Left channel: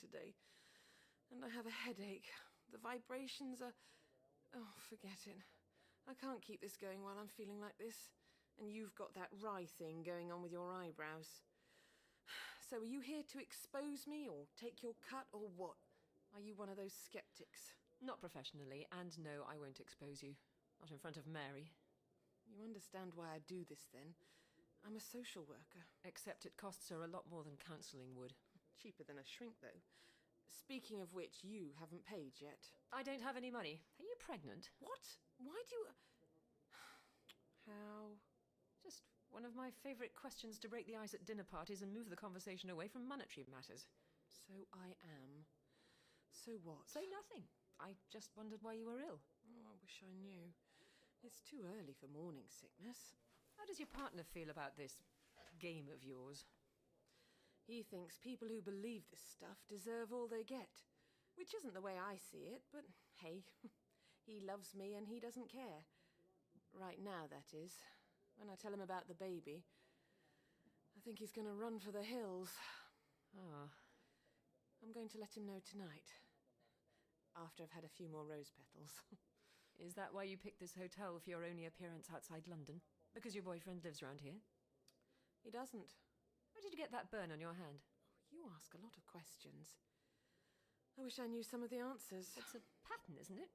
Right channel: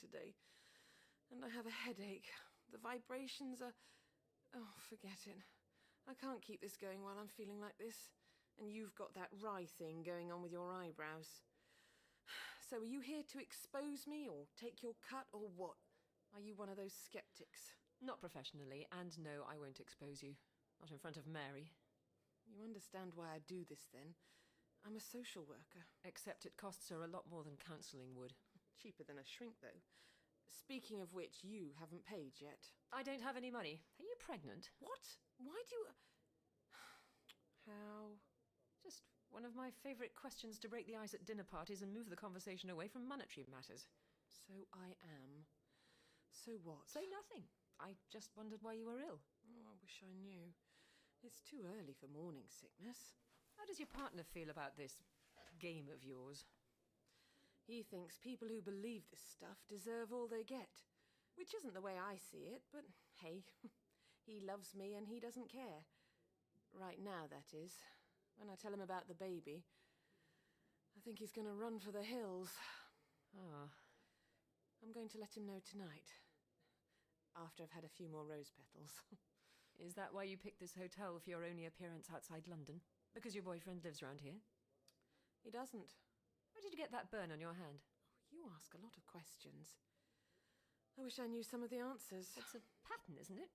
today. And I have a headache. The vibrations are... Oh, forget it. I can't keep this going while I'm feeling like this. And you've got that wry thing going on with your eyebrows. So are you here to expose me, or take your cut, or what? Are you one of those skeptics? Not professionally, and no, I won't expose you. Not in front of Mary. You understand why I do this, then? I'm a social worker. Except it costs her a lot more than counselling would. Cheaper than a shrink, though. Speaking of which, you haven't paid yet. I don't have any money. Are you pregnant? What? Why do you... How? Just one of my favourite questions to break the ice at dinner parties and move the conversation away from monetary matters. So I am. So what? Say nothing. I just wondered why you were ill. Oh, I wish I knew. It's too early for morning sickness. How does your partner feel about this game of yours? He thinks people who believe this stuff deserve all they get. Which isn't the way I see it, but hey, he loves me and he doesn't care. Right now, that is. When I tell him about the baby, I think he's going to run for the hills. Ah. I'm going to let him know tonight. After I've had a few more rose petals. Is that why you picked this hotel for your only appearance outside London? Because your boyfriend lives around here? He doesn't. How did you get that burn on your hand? Oh, you ask a lot of questions. I wish I knew some of the answers. It's a pattern, isn't it?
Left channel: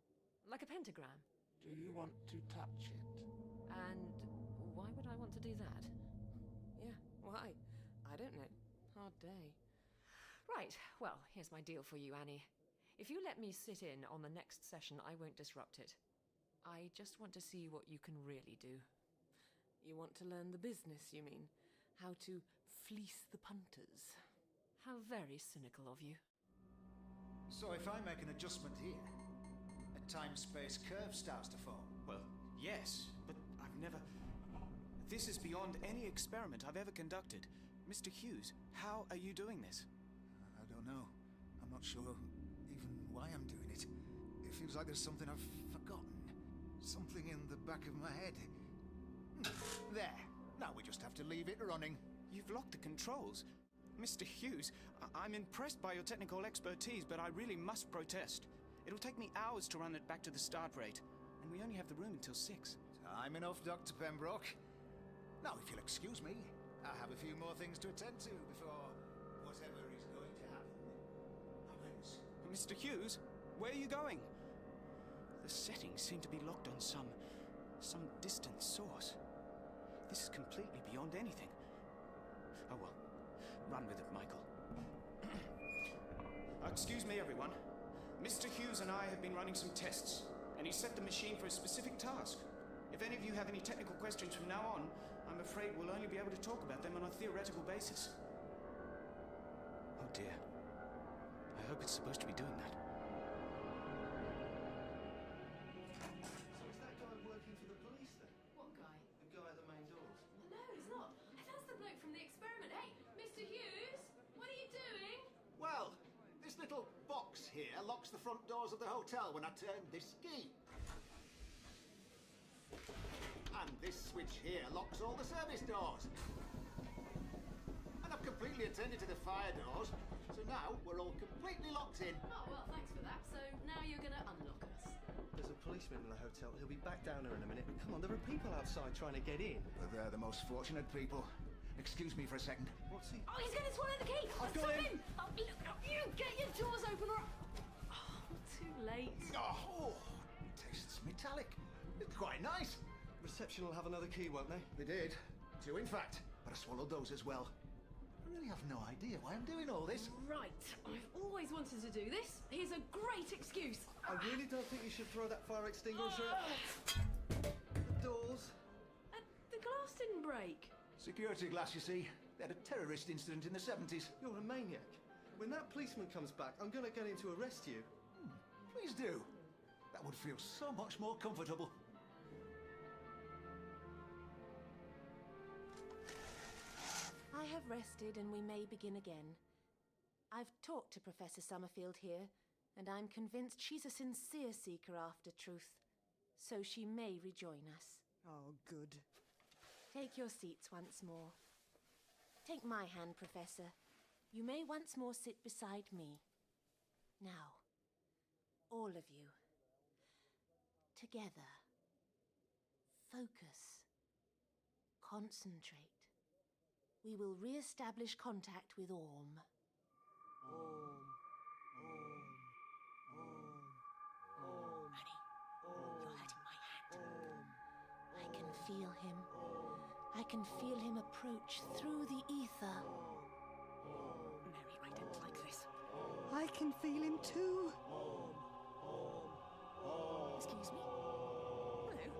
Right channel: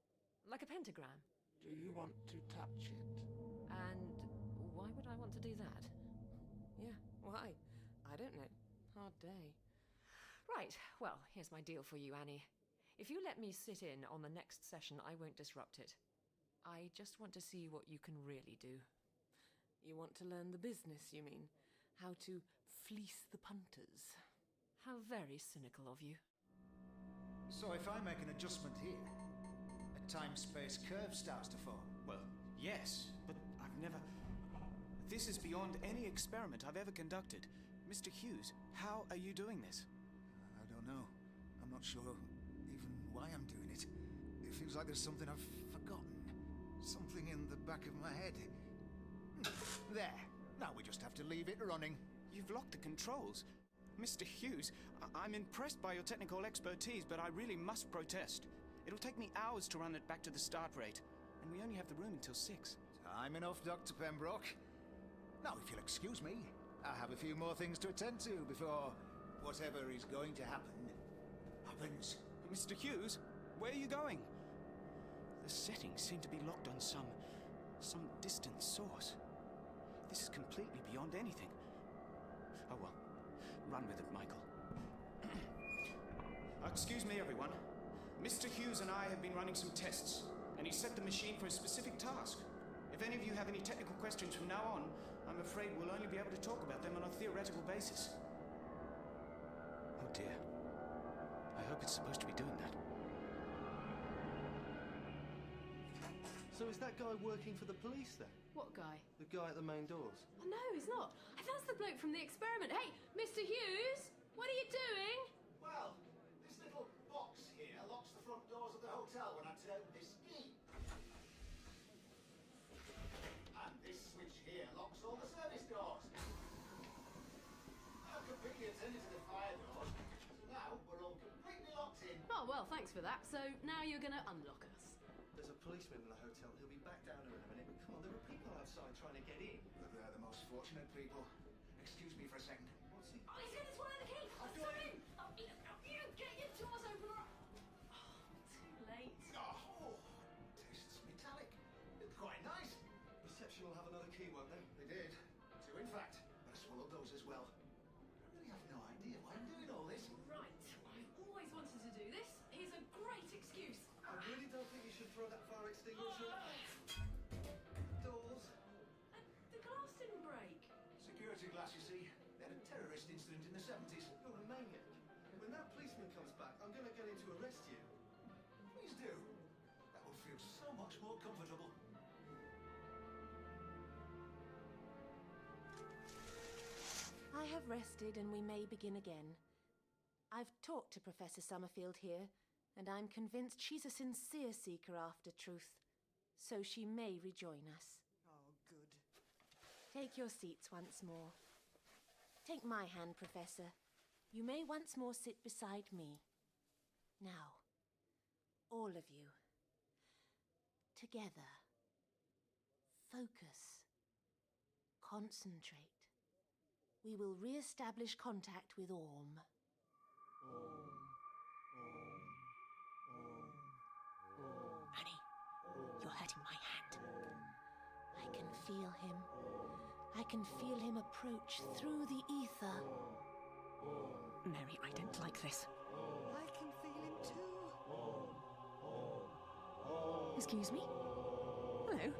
Like a pentagram. Do you want to touch it? And why would I want to do that? Yeah, why? I don't know. Hard day. Right, well, here's my deal for you, Annie. If you let me sit in on the next session, I won't disrupt it. I just want to see what you can really do. You want to learn the business, you mean? How to fleece the punters. How very cynical of you. So if I make an adjustment here, a time-space curve starts to form. Well, yes, but I've never... This is beyond any experiment I've ever conducted. Mr. Hughes, how are you doing this? I don't know. I'm not sure even why I'm doing it. It feels like there's something I've forgotten. Something in the back of my head. There. Now we just have to leave it running. You've locked the controls. Mr. Hughes, I'm impressed by your technical expertise, but I really must protest. It'll take me hours to run it back to the start rate, and we only have the room until 6. Time enough, Dr. Pembroke. Now, if you'll excuse me, I have a few more things to attend to before whatever is going to happen happens. Mr. Hughes, where are you going? The settings seem to be locked on some distant source. This is completely beyond anything. Oh well, run with it, Michael. Excuse me, everyone. Mr. Hughes and I have been running some tests, and he set the machine for a specific task. If any of you have any technical questions from now on, I'm afraid we'll only be able to talk about them on a theoretical basis. Oh dear. I hope it's supposed to be doing that. So is that guy working for the police then? What guy? The guy at the main doors? Oh, no, he's not. That's the bloke from the experiment. Hey, Mr. Hughes, what are you doing? Well, this little box here locks the front doors of the hotel when I turn this key. And this switch here locks all the service doors. And I've completely attended to the fire doors, so now we're all completely locked in. Oh, well, thanks for that. So now you're going to unlock us. There's a policeman in the hotel. He'll be back down here in a minute. Come on, there are people outside trying to get in. But they're the most fortunate people. Excuse me for a second. What's he... Oh, he's going to swallow the key! I've got Stop him! Oh, look, you get your doors open or... Oh, too late. Oh, tastes metallic. It's quite nice. Reception will have another key, won't they? They did. 2, in fact. But I swallowed those as well. I really have no idea why I'm doing all this. Right, I've always wanted to do this. Here's a great excuse. I really don't think you should throw that fire extinguisher at the doors. The glass didn't break. Security glass, you see. They had a terrorist incident in the 70s. You're a maniac. When that policeman comes back, I'm going to get him to arrest you. Please do. That would feel so much more comfortable. I have rested and we may begin again. I've talked to Professor Summerfield here, and I'm convinced she's a sincere seeker after truth. So she may rejoin us. Oh, good. Take your seats once more. Take my hand, Professor. You may once more sit beside me. Now, all of you, together, focus, concentrate. We will re-establish contact with Orm. Annie, you're hurting my hand. I can feel him. I can feel him approach through the ether. Mary, I don't like this. I can feel him too. Excuse me? Hello?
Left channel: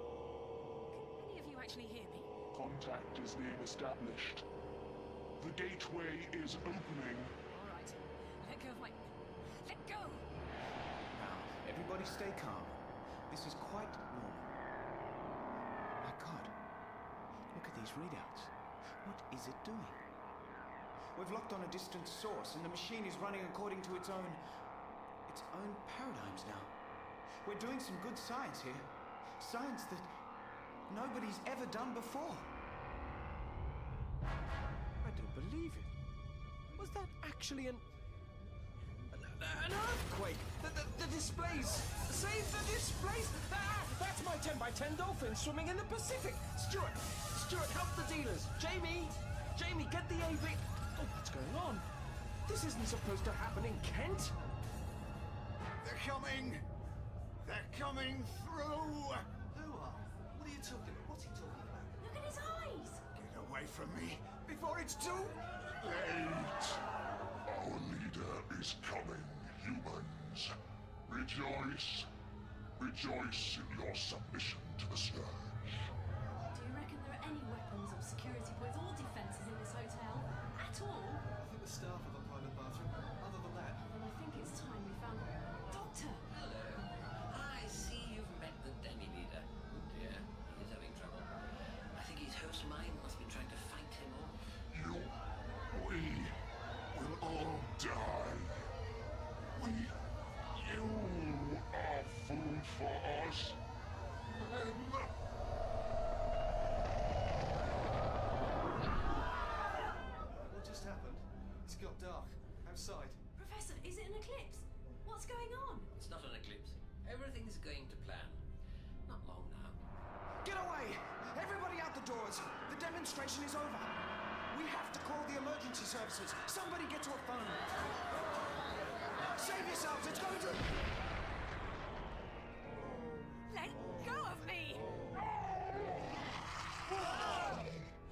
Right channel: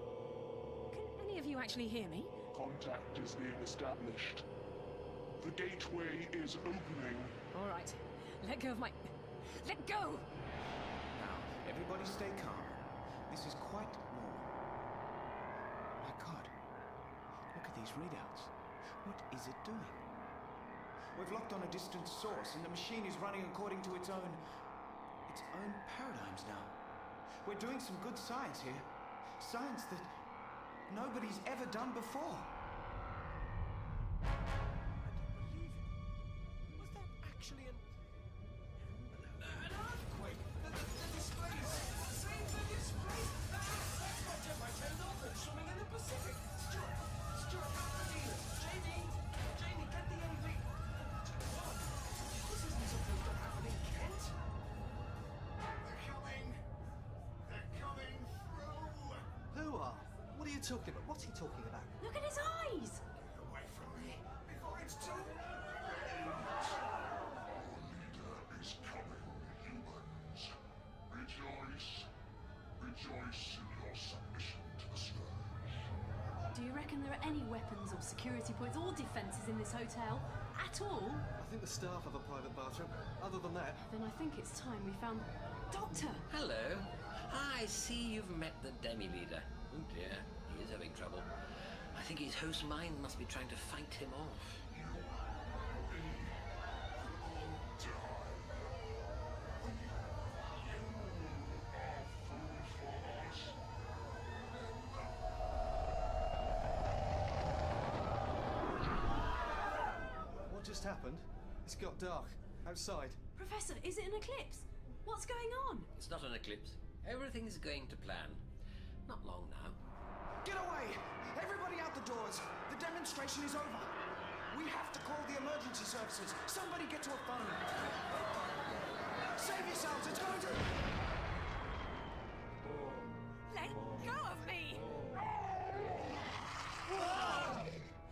Can any of you actually hear me? Contact is being established. The gateway is opening. All right. Let go of my... Let go! Now, everybody stay calm. This is quite normal. My God. Look at these readouts. What is it doing? We've locked on a distant source, and the machine is running according to its own paradigms now. We're doing some good science here. Science that nobody's ever done before. I don't believe it. Was that actually an earthquake? The displays! Save the displays! Ah! That's my 10x10 dolphin swimming in the Pacific! Stuart, help the dealers! Jamie, get the AV... Oh, what's going on? This isn't supposed to happen in Kent! They're coming! They're coming through! Who are? What are you talking about? What's he talking about? Look at his eyes! Get away from me before it's too late! Our leader is coming, humans. Rejoice. Rejoice in your submission to the Scourge. Do you reckon there are any weapons or security points or defences in this hotel? At all? I think the staff have a private bathroom. Other than that... Then I think it's time we found... Doctor! Hello. I see you've met the demi-leader. Oh dear, he is having trouble. I think his host mind must be trying to fight him off. We will all die. You are food for us. What just happened? It's got dark. Outside. Professor, is it an eclipse? What's going on? It's not an eclipse. Everything's going to plan. Not long now. Get away! Everybody out the doors! The demonstration is over! We have to call the emergency services! Somebody get to a phone! Save yourselves! It's going to... Let go of me!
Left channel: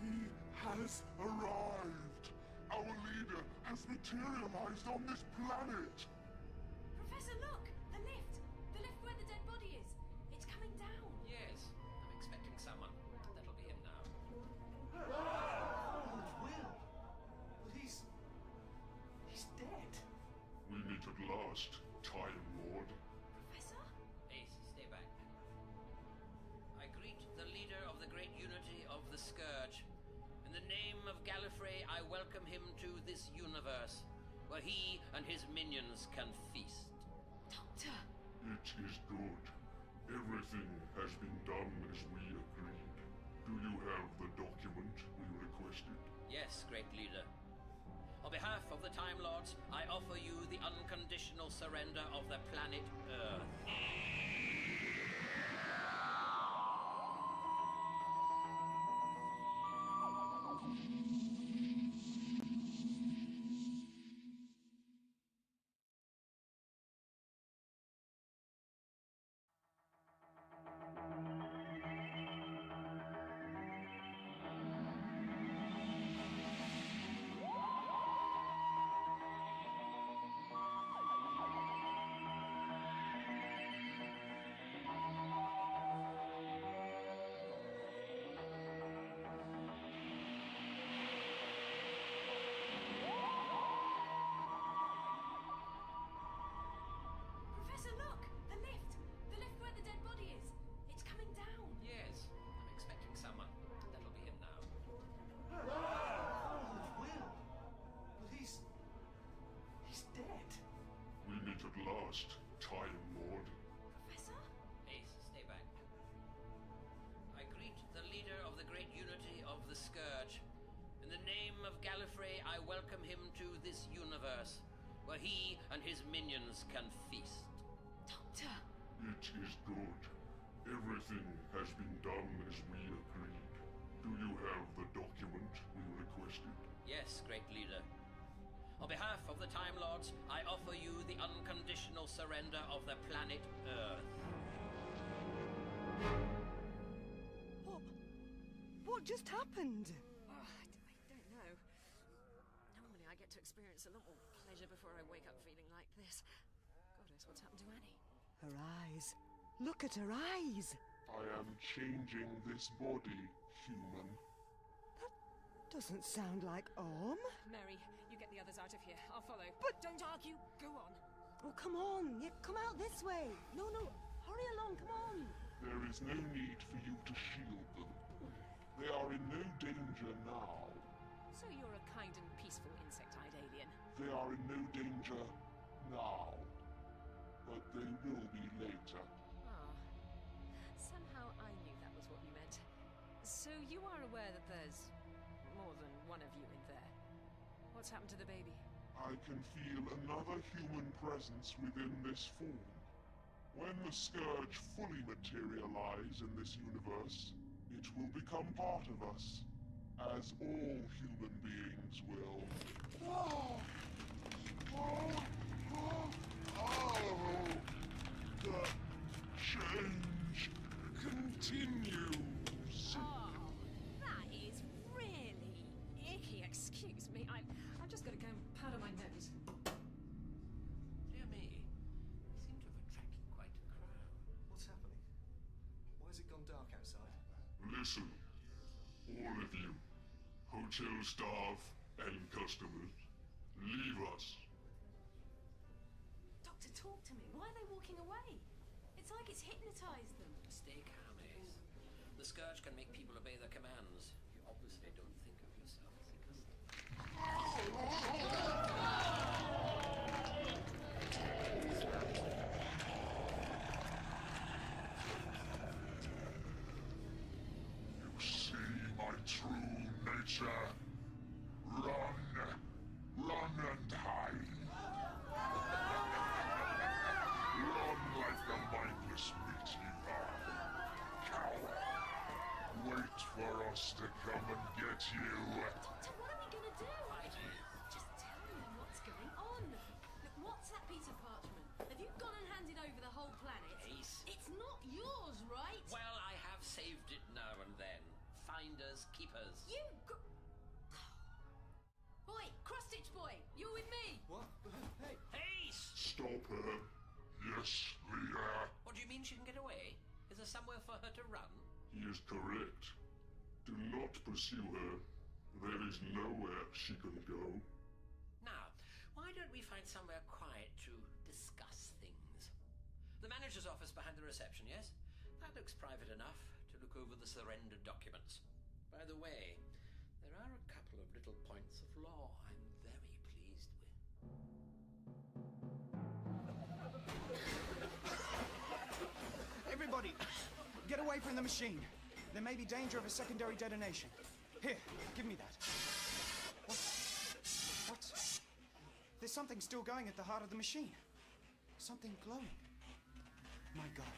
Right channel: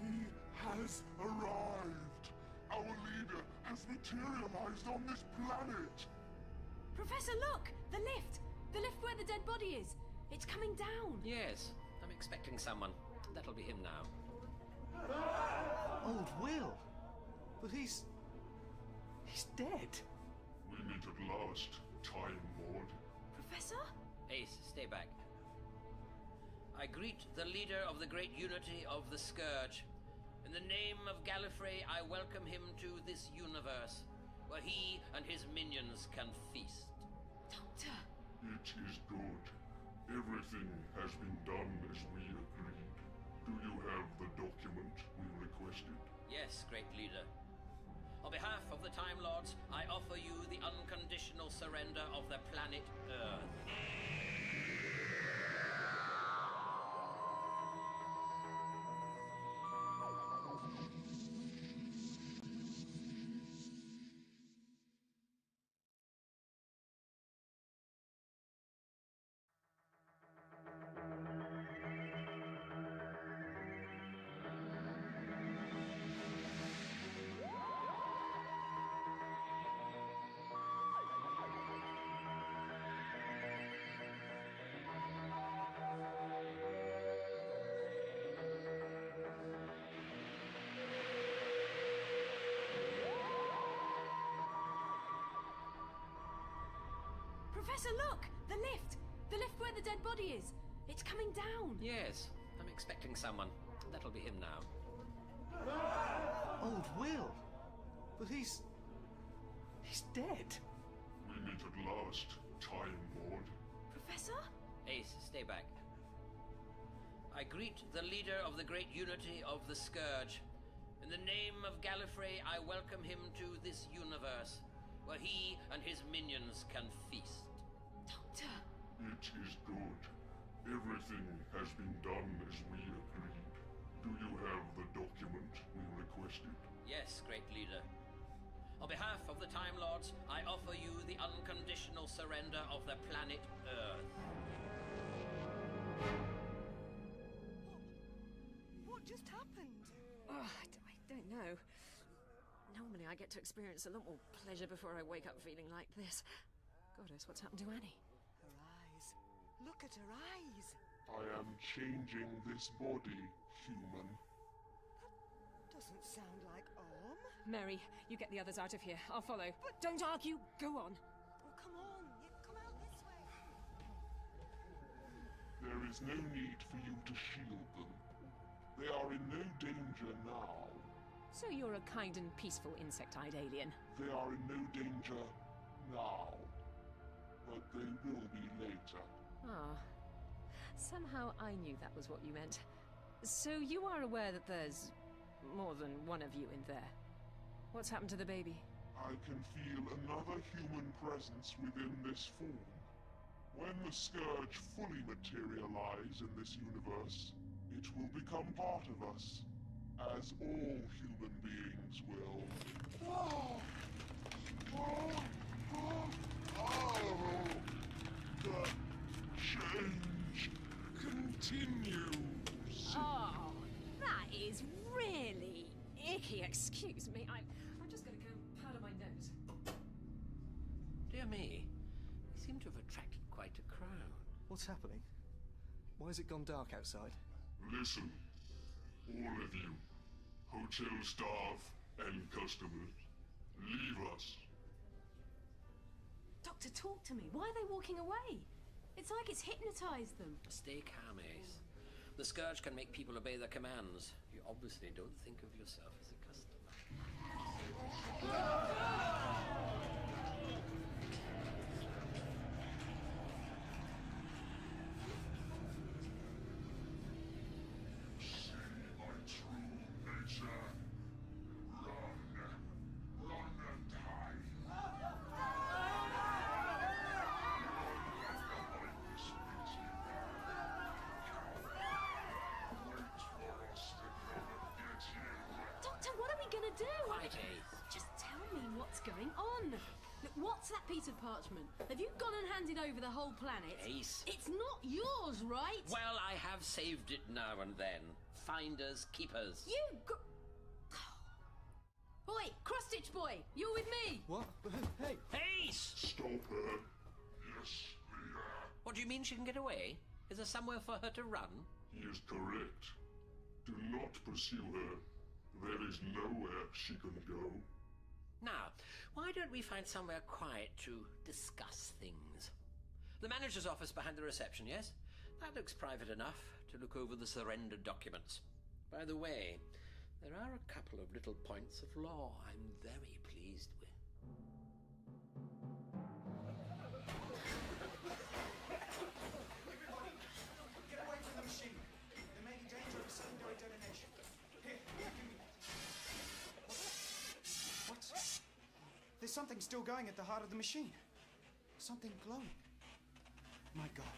He has arrived. Our leader has materialized on this planet. Professor, look! The lift! The lift where the dead body is! It's coming down! Yes, I'm expecting someone. That'll be him now. Old Will. But he's dead. We meet at last, Time Lord. Professor? Ace, stay back. I greet the leader of the great unity of the Scourge. In the name of Gallifrey, I welcome him to this universe, where he and his minions can feast. Doctor! It is good. Everything has been done as we agreed. Do you have the document we requested? Yes, great leader. On behalf of the Time Lords, I offer you the unconditional surrender of the planet Earth. Professor, look! The lift! The lift where the dead body is! It's coming down! Yes, I'm expecting someone. That'll be him now. Old Will. But he's dead. We meet at last, Time Lord. Professor? Ace, stay back. I greet the leader of the great unity of the Scourge. In the name of Gallifrey, I welcome him to this universe, where he and his minions can feast. Doctor! It is good. Everything has been done as we agreed. Do you have the document we requested? Yes, great leader. On behalf of the Time Lords, I offer you the unconditional surrender of the planet Earth. What just happened? Oh, I don't know. Normally I get to experience a lot more pleasure before I wake up feeling like this. Goddess, what's happened to Annie? Her eyes. Look at her eyes. I am changing this body, human. Doesn't sound like Orm. Mary, you get the others out of here. I'll follow. But don't argue. Go on. Oh, come on. Yeah, come out this way. No, hurry along, come on. There is no need for you to shield them. They are in no danger now. So you're a kind and peaceful insect-eyed alien. They are in no danger now. But they will be later. Ah. Somehow I knew that was what you meant. So you are aware that there's more than one of you in there. What's happened to the baby? I can feel another human presence within this form. When the Scourge fully materialize in this universe, it will become part of us, as all human beings will. The change continues. Oh, that is really icky. Excuse me. I've just got to go and powder my nose. Dear me, we seem to have attracted quite a crowd. What's happening? Why has it gone dark outside? Listen, all of you, hotel staff and customers, leave us. Doctor, talk to me. Why are they walking away? It's like it's hypnotized them. Stay calm, Ace. The Scourge can make people obey their commands. You obviously don't think of yourself as a customer. You see my true nature. Run, run and hide. Run like the mindless meat you are. Coward. Wait for us to come and get you. Doctor, what are we gonna do? Right, Ace. Just tell me what's going on. Look, what's that piece of parchment? Have you gone and handed over the whole planet? Ace. It's not yours, right? Well, I have saved it now and then. Finders, keepers. You go... Oi, cross-stitch boy, you're with me. What? Hey! Ace! Stop her. Yes, Leah. What do you mean she can get away? Is there somewhere for her to run? He is correct. Do not pursue her. There is nowhere she can go. Now, why don't we find somewhere quiet to discuss things? The manager's office behind the reception, yes? That looks private enough to look over the surrender documents. By the way, there are a couple of little points of law I'm very pleased with. Everybody, get away from the machine. There may be danger of a secondary detonation. Here, give me that. What? There's something still going at the heart of the machine. Something glowing. My God.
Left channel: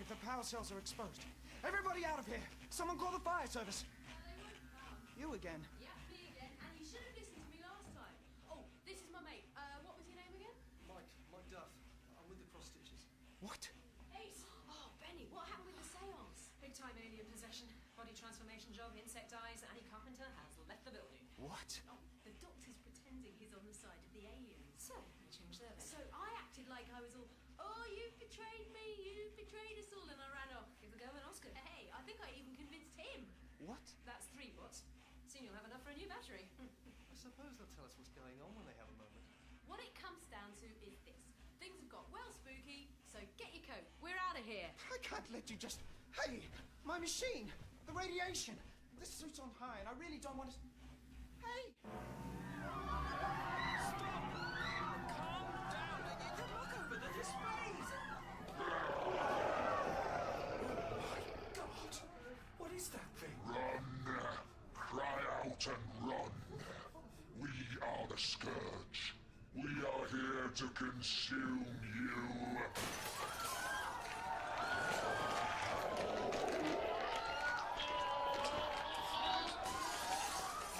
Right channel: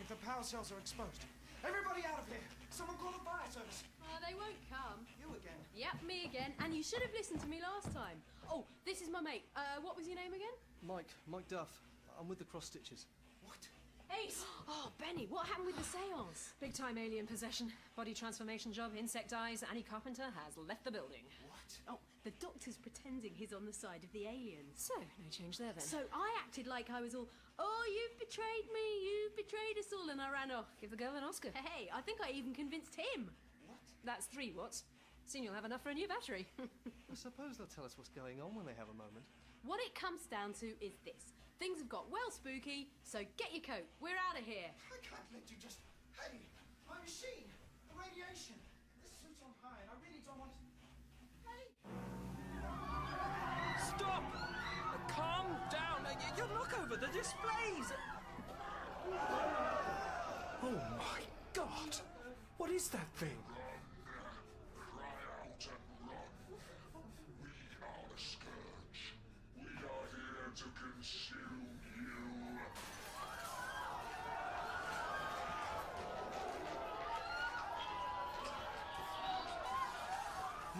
If the power cells are exposed. Everybody out of here! Someone call the fire service! They won't come. You again? Yep, me again. And you should have listened to me last time. Oh, this is my mate. What was your name again? Mike Duff. I'm with the cross stitches. What? Ace! Oh, Benny, what happened with the seance? Big time alien possession. Body transformation job, insect eyes. Annie Carpenter has left the building. What? Oh, the doctor's pretending he's on the side of the aliens. So, no change there then. So I acted like I was all, oh, you've betrayed me, you've betrayed us all, and I ran off. Give the girl an Oscar. Hey, I think I even convinced him. What? That's 3 watts. Soon you'll have enough for a new battery. I suppose they'll tell us what's going on when they have a moment. What it comes down to is this. Things have got well spooky, so get your coat. We're out of here. I can't let you just... Hey, my machine! The radiation! This suit's on high, and I really don't want to... Hey! Stop! Calm down. You look over the displays. Oh my God! What is that thing? Run! Cry out and run! We are the Scourge. We are here to consume you.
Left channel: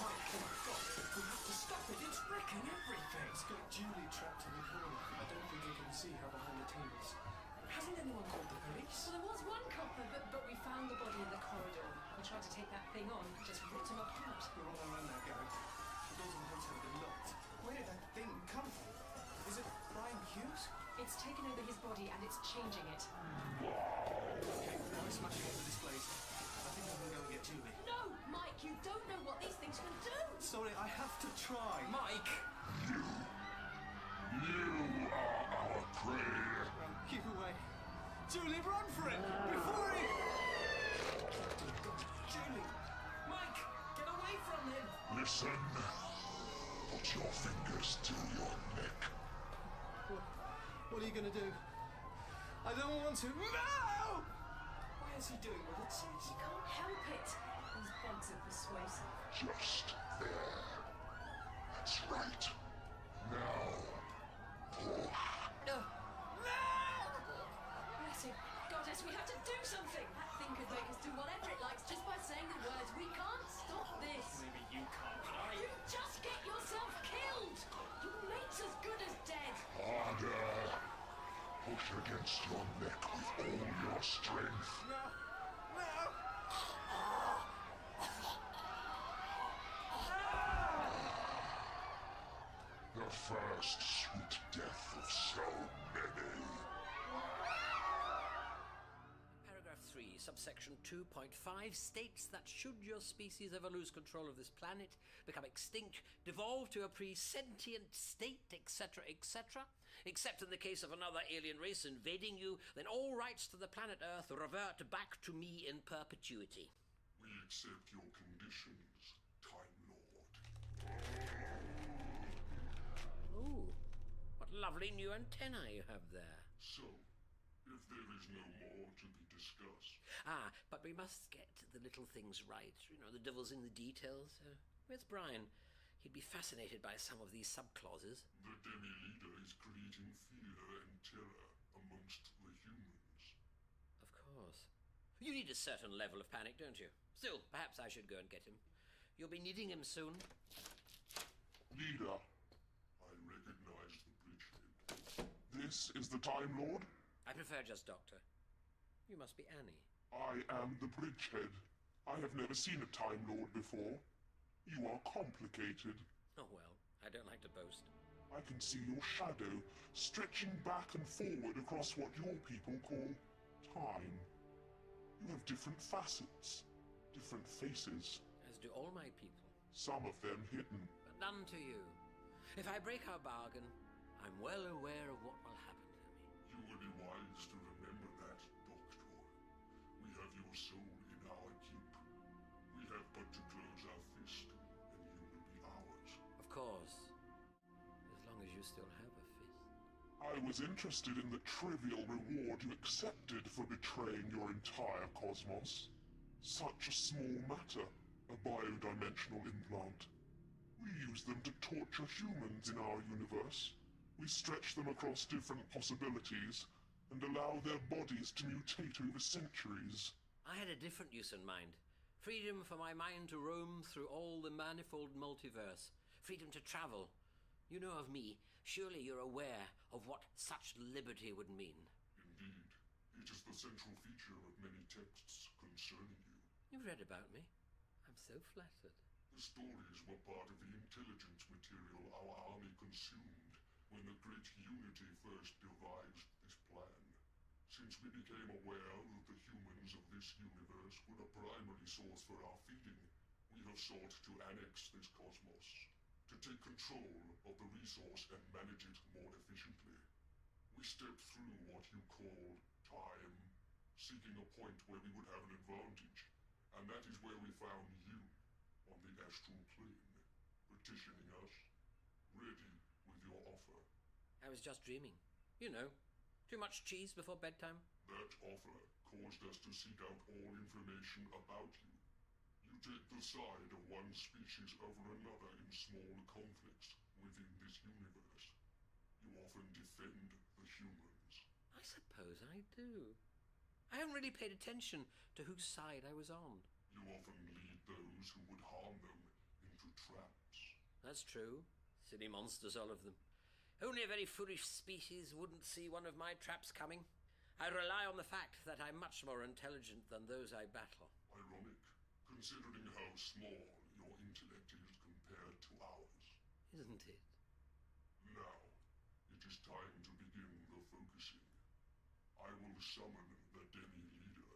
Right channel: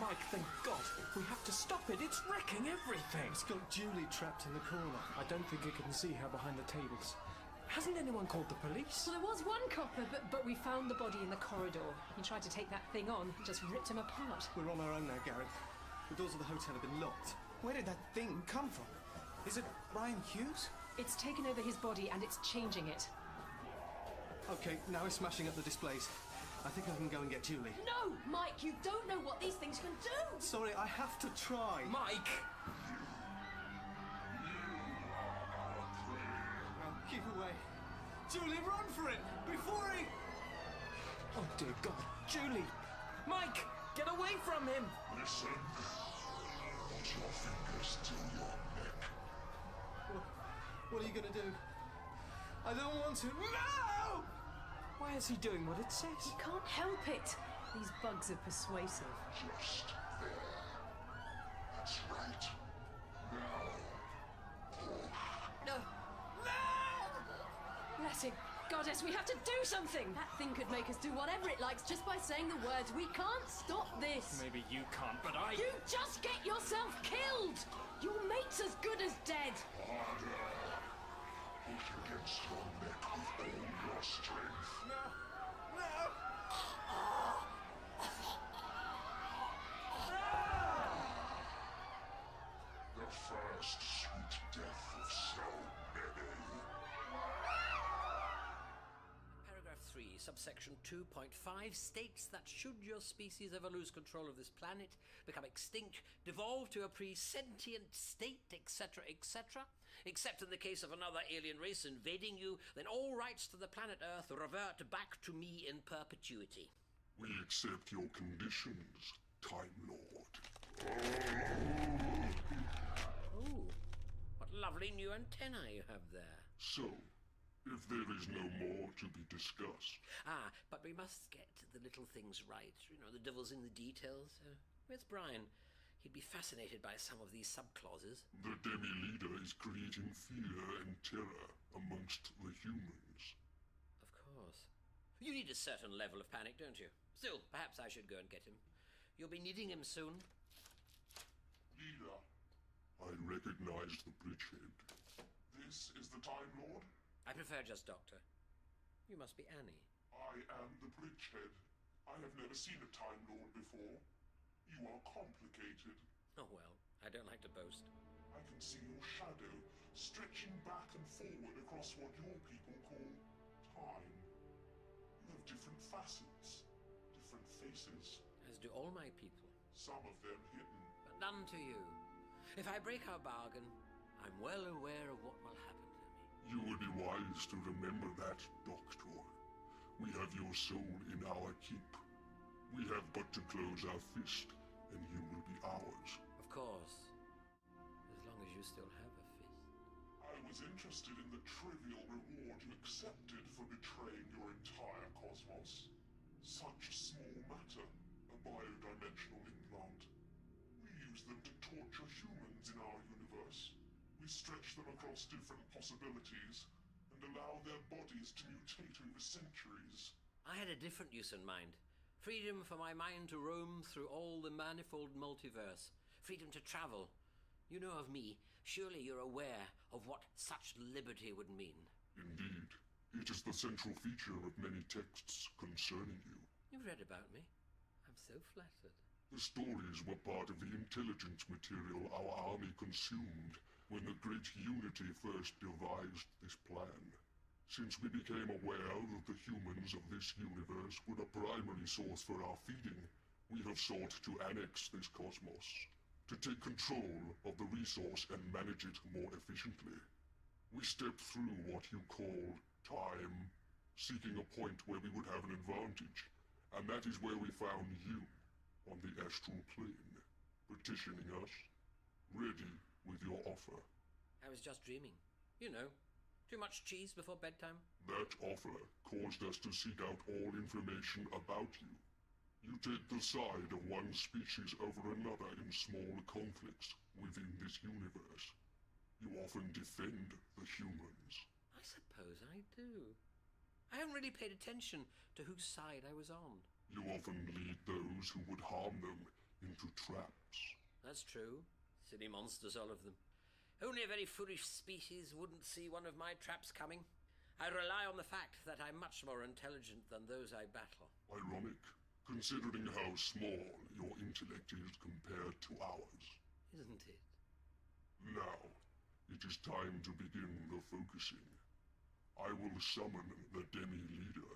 Mike, thank God. We have to stop it. It's wrecking everything. It's got Julie trapped in the corner. I don't think it can see her behind the tables. Hasn't anyone called the police? Well, there was one copper, but we found the body in the corridor. He tried to take that thing on and just ripped him apart. We're on our own now, Gary. The doors of the hotel have been locked. Where did that thing come from? Is it Brian Hughes? It's taken over his body and it's changing it. Okay, now it's smashing up the displays. I think I can go and get Julie. No, Mike, you don't know what these things can do. Sorry, I have to try. Mike! You are our prey. Well, keep away. Julie, run for it! Before he... Oh, dear God. Julie! Mike! Get away from him! Listen. Put your fingers to your neck. What are you gonna do? I don't want to. No! Why is he doing what it says? You can't help it. These bugs are persuasive. Just there. That's right. Now, push. No! Bless him. Goddess, we have to do something. That thing could make us do whatever it likes just by saying the words. We can't stop this. Maybe you can't, but I... You just get yourself killed. Your mate's as good as dead. Harder. Push against your neck with all your strength. No! No! The first sweet death of so many. Paragraph 3, subsection 2.5 states that should your species ever lose control of this planet, become extinct, devolve to a pre-sentient state, etc., etc., except in the case of another alien race invading you, then all rights to the planet Earth revert back to me in perpetuity. We accept your conditions, Time Lord. Oh, what lovely new antennae you have there. So, if there is no more to be discussed... Ah, but we must get the little things right. You know, the devil's in the details. Where's Brian? He'd be fascinated by some of these subclauses. The demi-leader is creating fear and terror amongst the humans. Of course. You need a certain level of panic, don't you? Still, perhaps I should go and get him. You'll be needing him soon. Leader, I recognize the bridgehead. This is the Time Lord? I prefer just Doctor. You must be Annie. I am the bridgehead. I have never seen a Time Lord before. You are complicated. Oh well, I don't like to boast. I can see your shadow stretching back and forward across what your people call time. You have different facets, different faces. As do all my people. Some of them hidden. But none to you. If I break our bargain, I'm well aware of what will happen to me. You would be wise to remember that, Doctor. We have your soul in our keep. We have but to close our fist, and you will be ours. Of course. As long as you still have a fist. I was interested in the trivial reward you accepted for betraying your entire cosmos. Such a small matter, a biodimensional implant. We use them to torture humans in our universe. We stretch them across different possibilities, and allow their bodies to mutate over centuries. I had a different use in mind. Freedom for my mind to roam through all the manifold multiverse. Freedom to travel. You know of me. Surely you're aware of what such liberty would mean. Indeed. It is the central feature of many texts concerning you. You've read about me. I'm so flattered. The stories were part of the intelligence material our army consumed when the Great Unity first devised this plan. Since we became aware that the humans of this universe were the primary source for our feeding, we have sought to annex this cosmos, to take control of the resource and manage it more efficiently. We stepped through what you call time, seeking a point where we would have an advantage, and that is where we found you, on the astral plane, petitioning us, ready with your offer. I was just dreaming. You know. Too much cheese before bedtime? That offer caused us to seek out all information about you. You take the side of one species over another in small conflicts within this universe. You often defend the humans. I suppose I do. I haven't really paid attention to whose side I was on. You often lead those who would harm them into traps. That's true. Silly monsters, all of them. Only a very foolish species wouldn't see one of my traps coming. I rely on the fact that I'm much more intelligent than those I battle. Ironic, considering how small your intellect is compared to ours. Isn't it? Now, it is time to begin the focusing. I will summon the demi-leader.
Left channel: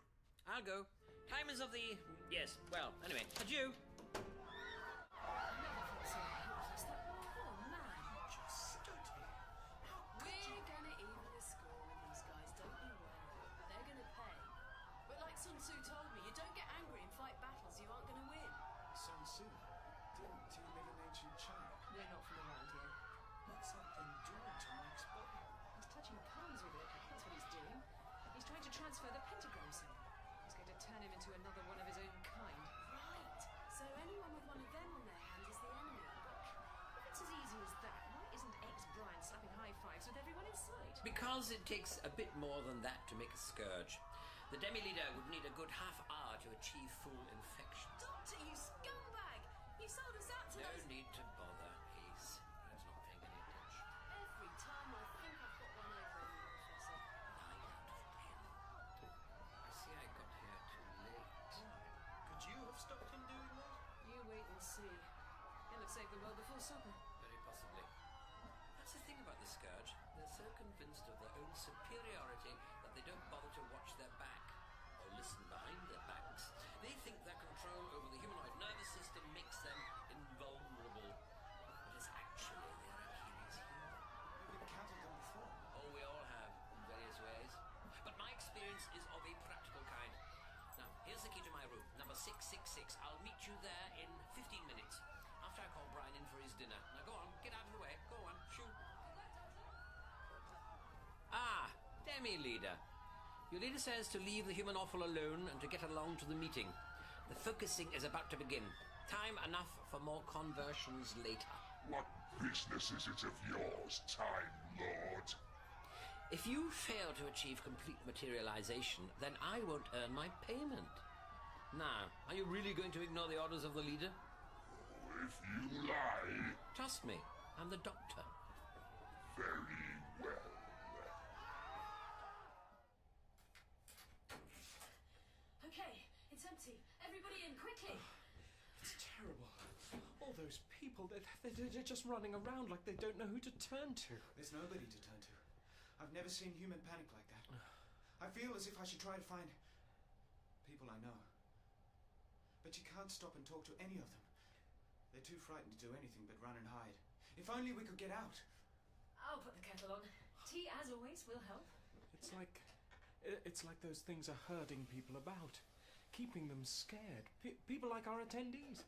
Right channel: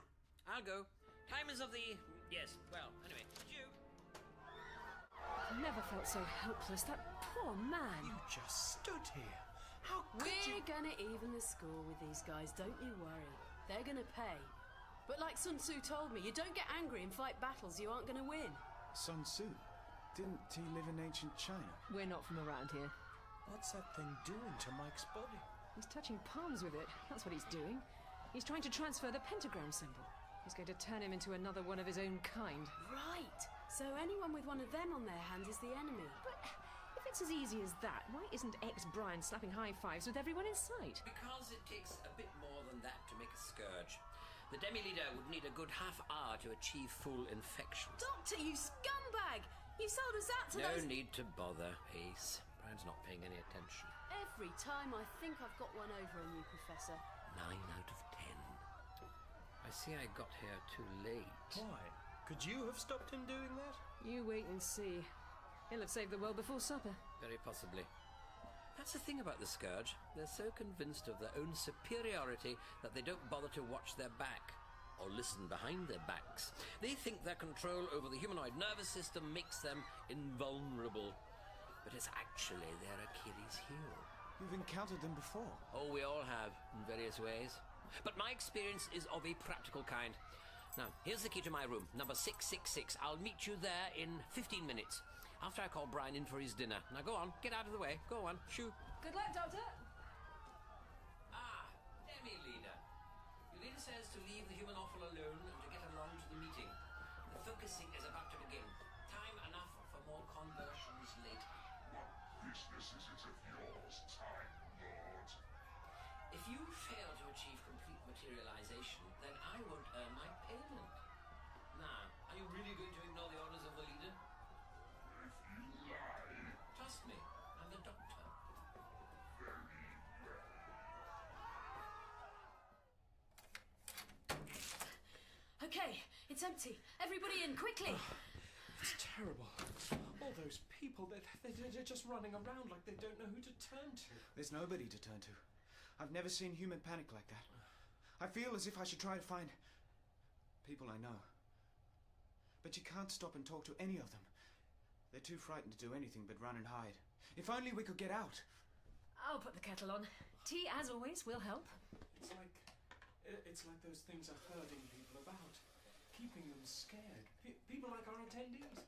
I'll go. Time is of the... Yes, well, anyway, adieu. I've never felt so helpless. That poor man. You just stood here. How could you... We're gonna even the score with these guys, don't you worry. They're gonna pay. But like Sun Tzu told me, you don't get angry and fight battles you aren't gonna win. Sun Tzu? Didn't he live in ancient China? We're not from around here. What's that thing doing to Mike's body? He's touching palms with it. That's what he's doing. He's trying to transfer the pentagram symbol. He's going to turn him into another one of his own kind. Right. So anyone with one of them on their hand is the enemy. But if it's as easy as that, why isn't ex-Brian slapping high fives with everyone in sight? Because it takes a bit more than that to make a scourge. The demi-leader would need a good half hour to achieve full infection. Doctor, you scumbag! You sold us out to No those... need to bother, Ace. Brian's not paying any attention. Every time I think I've got one over on you, Professor. 9 out of 10. I see I got here too late. Why? Could you have stopped him doing that? You wait and see. He'll have saved the world before supper. Very possibly. That's the thing about the Scourge. They're so convinced of their own superiority that they don't bother to watch their back or listen behind their backs. They think their control over the humanoid nervous system makes them invulnerable. But it's actually their Achilles heel. You've encountered them before. Oh, we all have, in various ways. But my experience is of a practical kind. Now, here's the key to my room, number 666. I'll meet you there in 15 minutes, after I call Brian in for his dinner. Now, go on, get out of the way. Go on, shoo. Good luck, Doctor. Ah, demi-leader. Your leader says to leave the human offal alone and to get along to the meeting. The focusing is about to begin. Time enough for more conversions later. What business is it of yours, Time Lord? If you fail to achieve complete materialization, then I won't earn my payment. Now, are you really going to ignore the orders of the leader? If you lie... Trust me, I'm the doctor. Very well. Okay, it's empty. Everybody in, quickly! It's terrible. All those people, they're just running around like they don't know who to turn to. There's nobody to turn to. I've never seen human panic like that. I feel as if I should try to find people I know. But you can't stop and talk to any of them. They're too frightened to do anything but run and hide. If only we could get out. I'll put the kettle on. Tea, as always, will help. It's like those things are herding people about, keeping them scared. People like our attendees.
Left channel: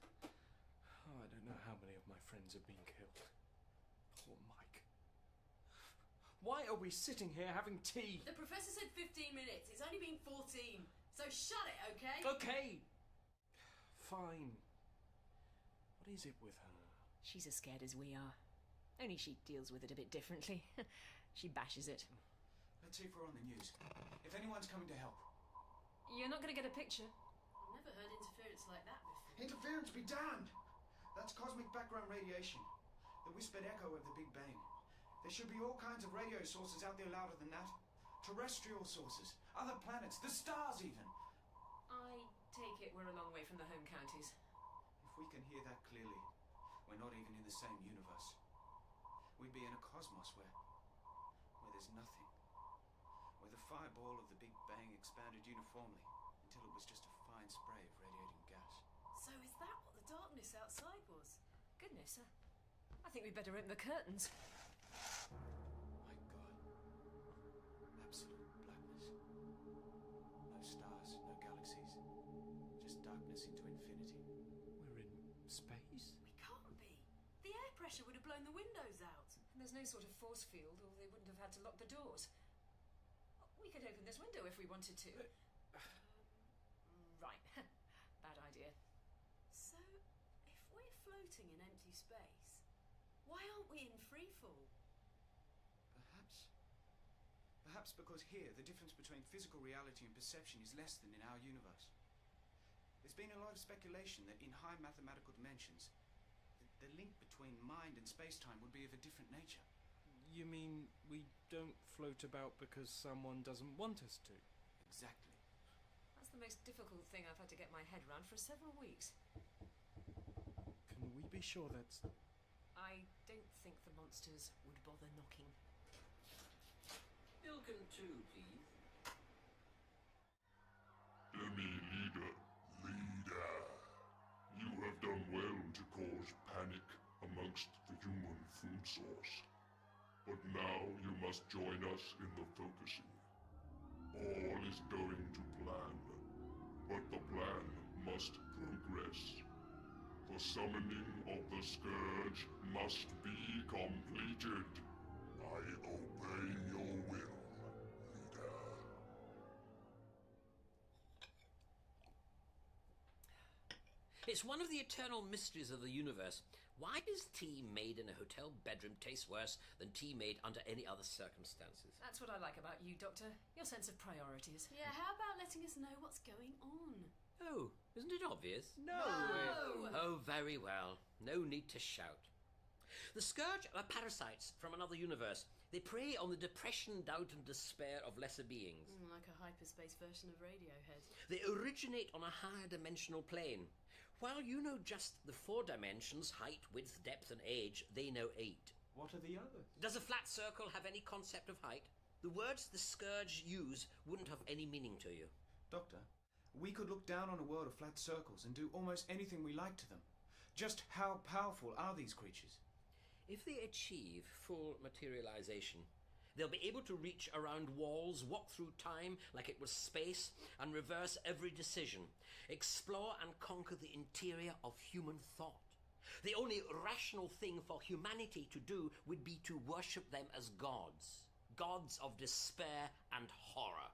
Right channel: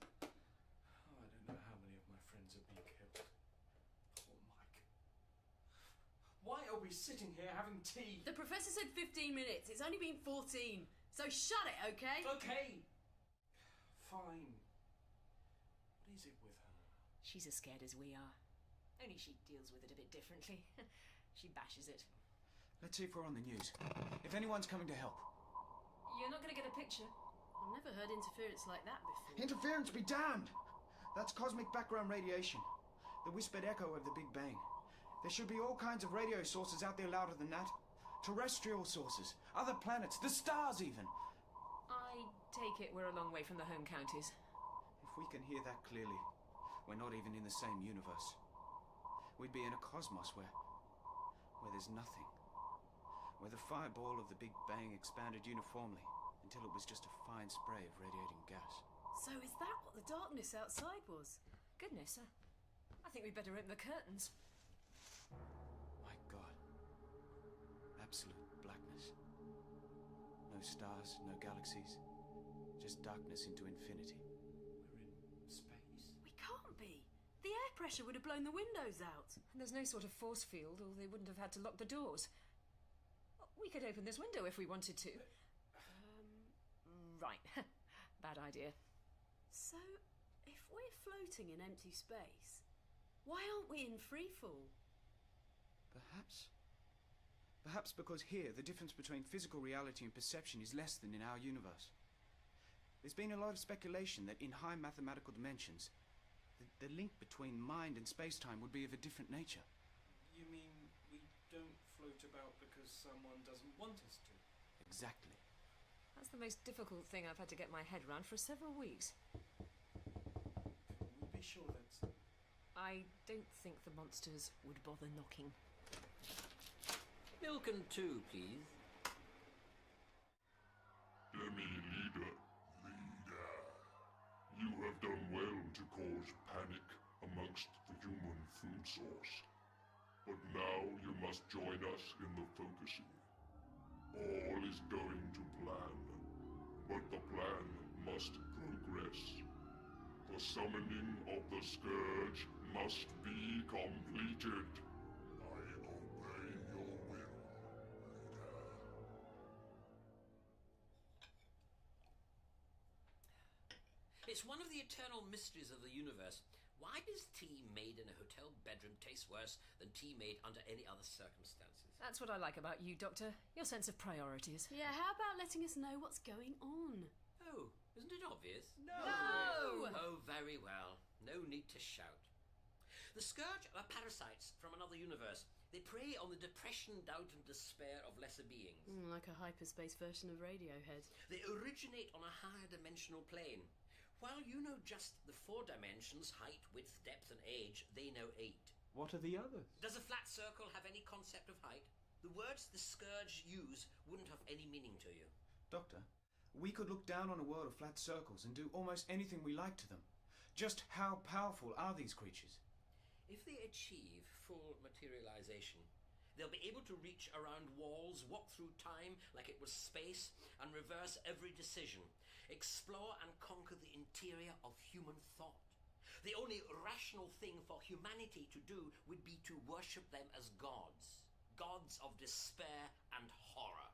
Oh, I don't know how many of my friends have been killed. Poor Mike. Why are we sitting here having tea? The professor said 15 minutes. It's only been 14. So shut it, okay? Okay. Fine. What is it with her? She's as scared as we are. Only she deals with it a bit differently. She bashes it. Let's see if we're on the news. If anyone's coming to help. You're not going to get a picture. I've never heard interference like that before. Interference be damned! That's cosmic background radiation. The whispered echo of the Big Bang. There should be all kinds of radio sources out there louder than that. Terrestrial sources, other planets, the stars even. I take it we're a long way from the home counties. If we can hear that clearly, we're not even in the same universe. We'd be in a cosmos where there's nothing. Where the fireball of the Big Bang expanded uniformly until it was just a fine spray of radiating gas. So is that what the darkness outside was? Goodness, I think we'd better open the curtains. My God. Absolute blackness. No stars, no galaxies. Just darkness into infinity. We're in space? We can't be. The air pressure would have blown the windows out. And there's no sort of force field, or they wouldn't have had to lock the doors. We could open this window if we wanted to. Right. Bad idea. So, if we're floating in empty space, why aren't we in freefall? Perhaps because here, the difference between physical reality and perception is less than in our universe. There's been a lot of speculation that in high mathematical dimensions, the link between mind and space-time would be of a different nature. You mean we don't float about because someone doesn't want us to? Exactly. That's the most difficult thing I've had to get my head around for several weeks. Can we be sure that's... I don't think the monsters would bother knocking. Milk and two, please. Leader. You have done well to cause panic amongst the human food source. But now you must join us in the focusing. All is going to plan, but the plan must progress. The summoning of the Scourge must be completed. I obey your will, leader. It's one of the eternal mysteries of the universe. Why does tea made in a hotel bedroom taste worse than tea made under any other circumstances? That's what I like about you, Doctor. Your sense of priorities. Yeah, how about letting us know what's going on? Oh, isn't it obvious? No! Oh, very well. No need to shout. The Scourge are parasites from another universe. They prey on the depression, doubt and despair of lesser beings. Like a hyperspace version of Radiohead. They originate on a higher dimensional plane. While you know just the 4 dimensions, height, width, depth and age, they know 8. What are the others? Does a flat circle have any concept of height? The words the Scourge use wouldn't have any meaning to you. Doctor, we could look down on a world of flat circles and do almost anything we like to them. Just how powerful are these creatures? If they achieve full materialization, they'll be able to reach around walls, walk through time like it was space, and reverse every decision, explore and conquer the interior of human thought. The only rational thing for humanity to do would be to worship them as gods. Gods of despair and horror.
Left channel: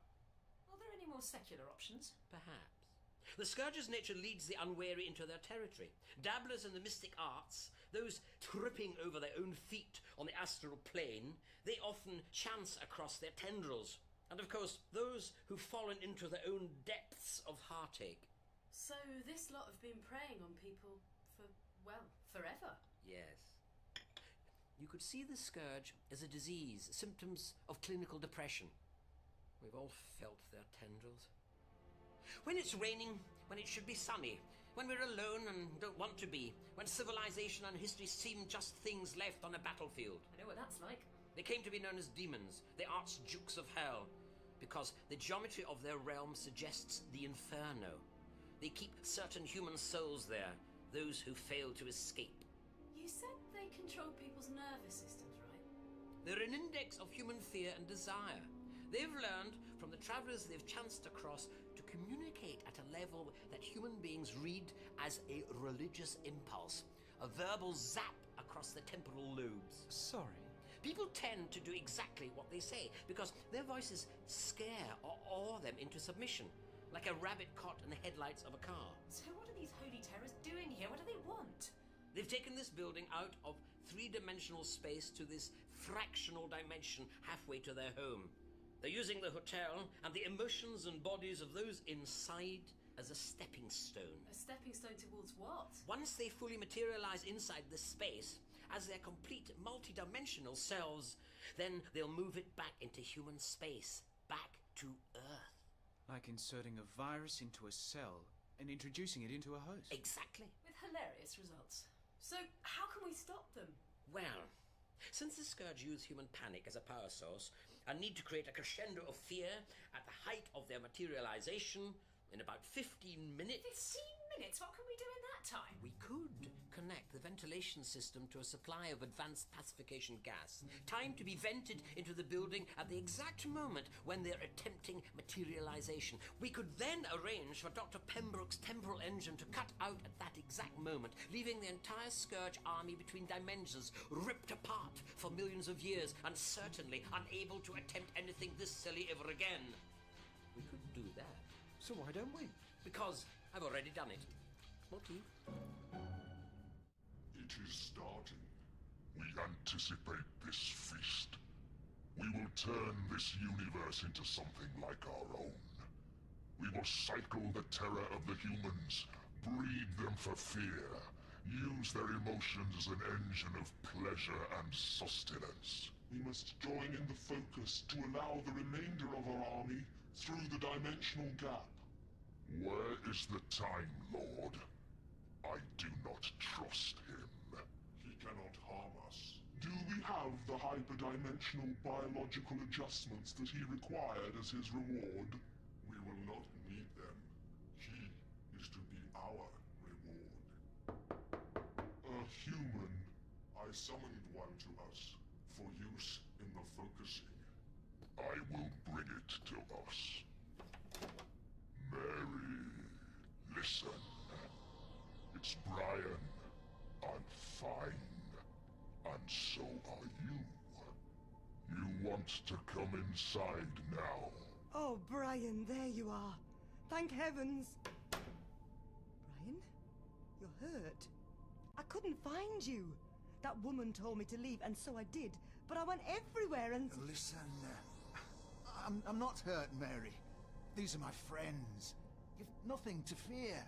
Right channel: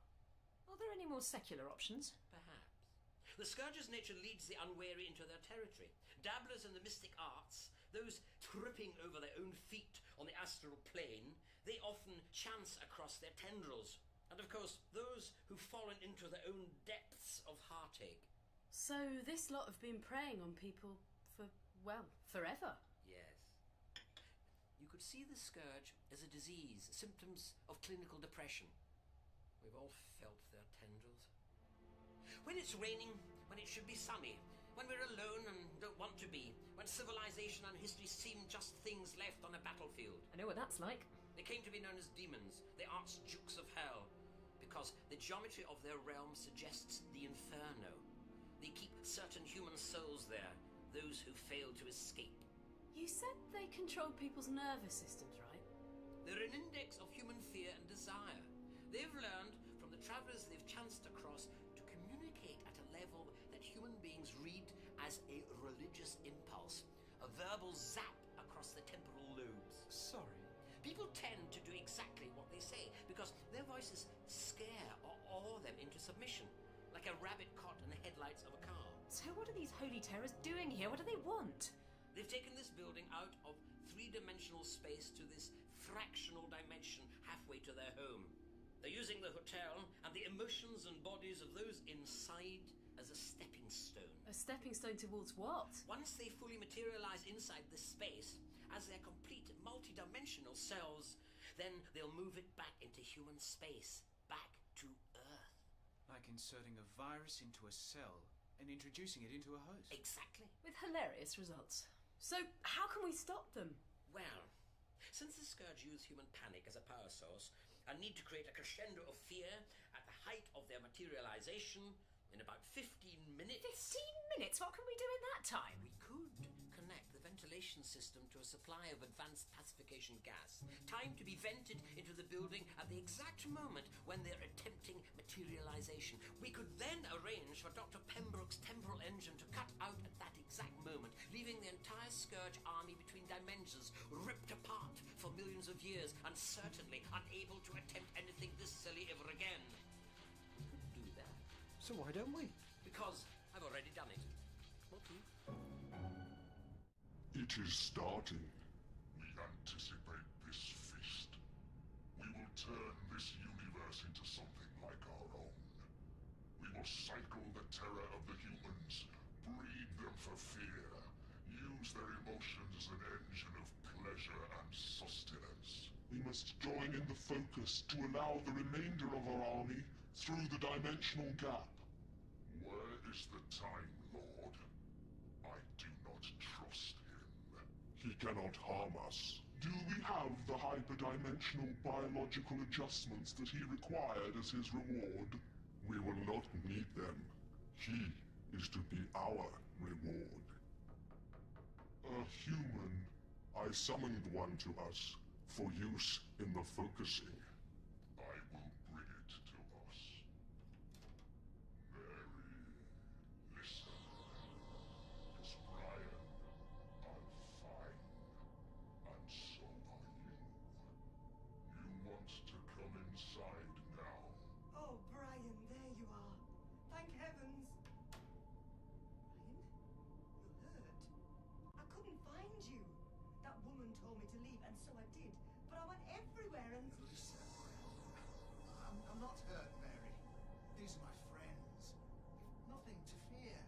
Are there any more secular options? Perhaps. The Scourge's nature leads the unwary into their territory. Dabblers in the mystic arts, those tripping over their own feet on the astral plane, they often chance across their tendrils. And of course, those who've fallen into their own depths of heartache. So this lot have been preying on people for, well, forever? Yes. You could see the Scourge as a disease, symptoms of clinical depression. We've all felt their tendrils. When it's raining, when it should be sunny, when we're alone and don't want to be, when civilization and history seem just things left on a battlefield. I know what that's like. They came to be known as demons, the archdukes of hell, because the geometry of their realm suggests the inferno. They keep certain human souls there, those who fail to escape. You said they control people's nervous systems, right? They're an index of human fear and desire. They've learned from the travelers they've chanced across to communicate at a level that human beings read as a religious impulse, a verbal zap across the temporal lobes. Sorry? People tend to do exactly what they say because their voices scare or awe them into submission, like a rabbit caught in the headlights of a car. So what are these holy terrors doing here? What do they want? They've taken this building out of 3-dimensional space to this fractional dimension halfway to their home. They're using the hotel and the emotions and bodies of those inside as a stepping stone. A stepping stone towards what? Once they fully materialize inside this space, as their complete multi-dimensional selves, then they'll move it back into human space, back to Earth. Like inserting a virus into a cell and introducing it into a host. Exactly. With hilarious results. So how can we stop them? Well, since the Scourge use human panic as a power source and need to create a crescendo of fear at the height of their materialization in about 15 minutes... 15 minutes? What can we do in that time? We could connect the ventilation system to a supply of advanced pacification gas. Time to be vented into the building at the exact moment when they're attempting materialization. We could then arrange for Dr. Pembroke's temporal engine to cut out at that exact moment, leaving the entire Scourge army between dimensions, ripped apart for millions of years, and certainly unable to attempt anything this silly ever again. We could do that. So why don't we? Because I've already done it. Not you. It is starting. We anticipate this feast. We will turn this universe into something like our own. We will cycle the terror of the humans, breed them for fear, use their emotions as an engine of pleasure and sustenance. We must join in the focus to allow the remainder of our army through the dimensional gap. Where is the Time Lord? I do not trust him. He cannot harm us. Do we have the hyperdimensional biological adjustments that he required as his reward? We will not need them. He is to be our reward. A human. I summoned one to us for use in the focusing. I will bring it to us. Mary, listen. It's Brian. I'm fine. And so are you. You want to come inside now. Oh, Brian, there you are. Thank heavens. Brian? You're hurt. I couldn't find you. That woman told me to leave, and so I did. But I went everywhere and... Listen, I'm not hurt, Mary. These are my friends. You've nothing to fear.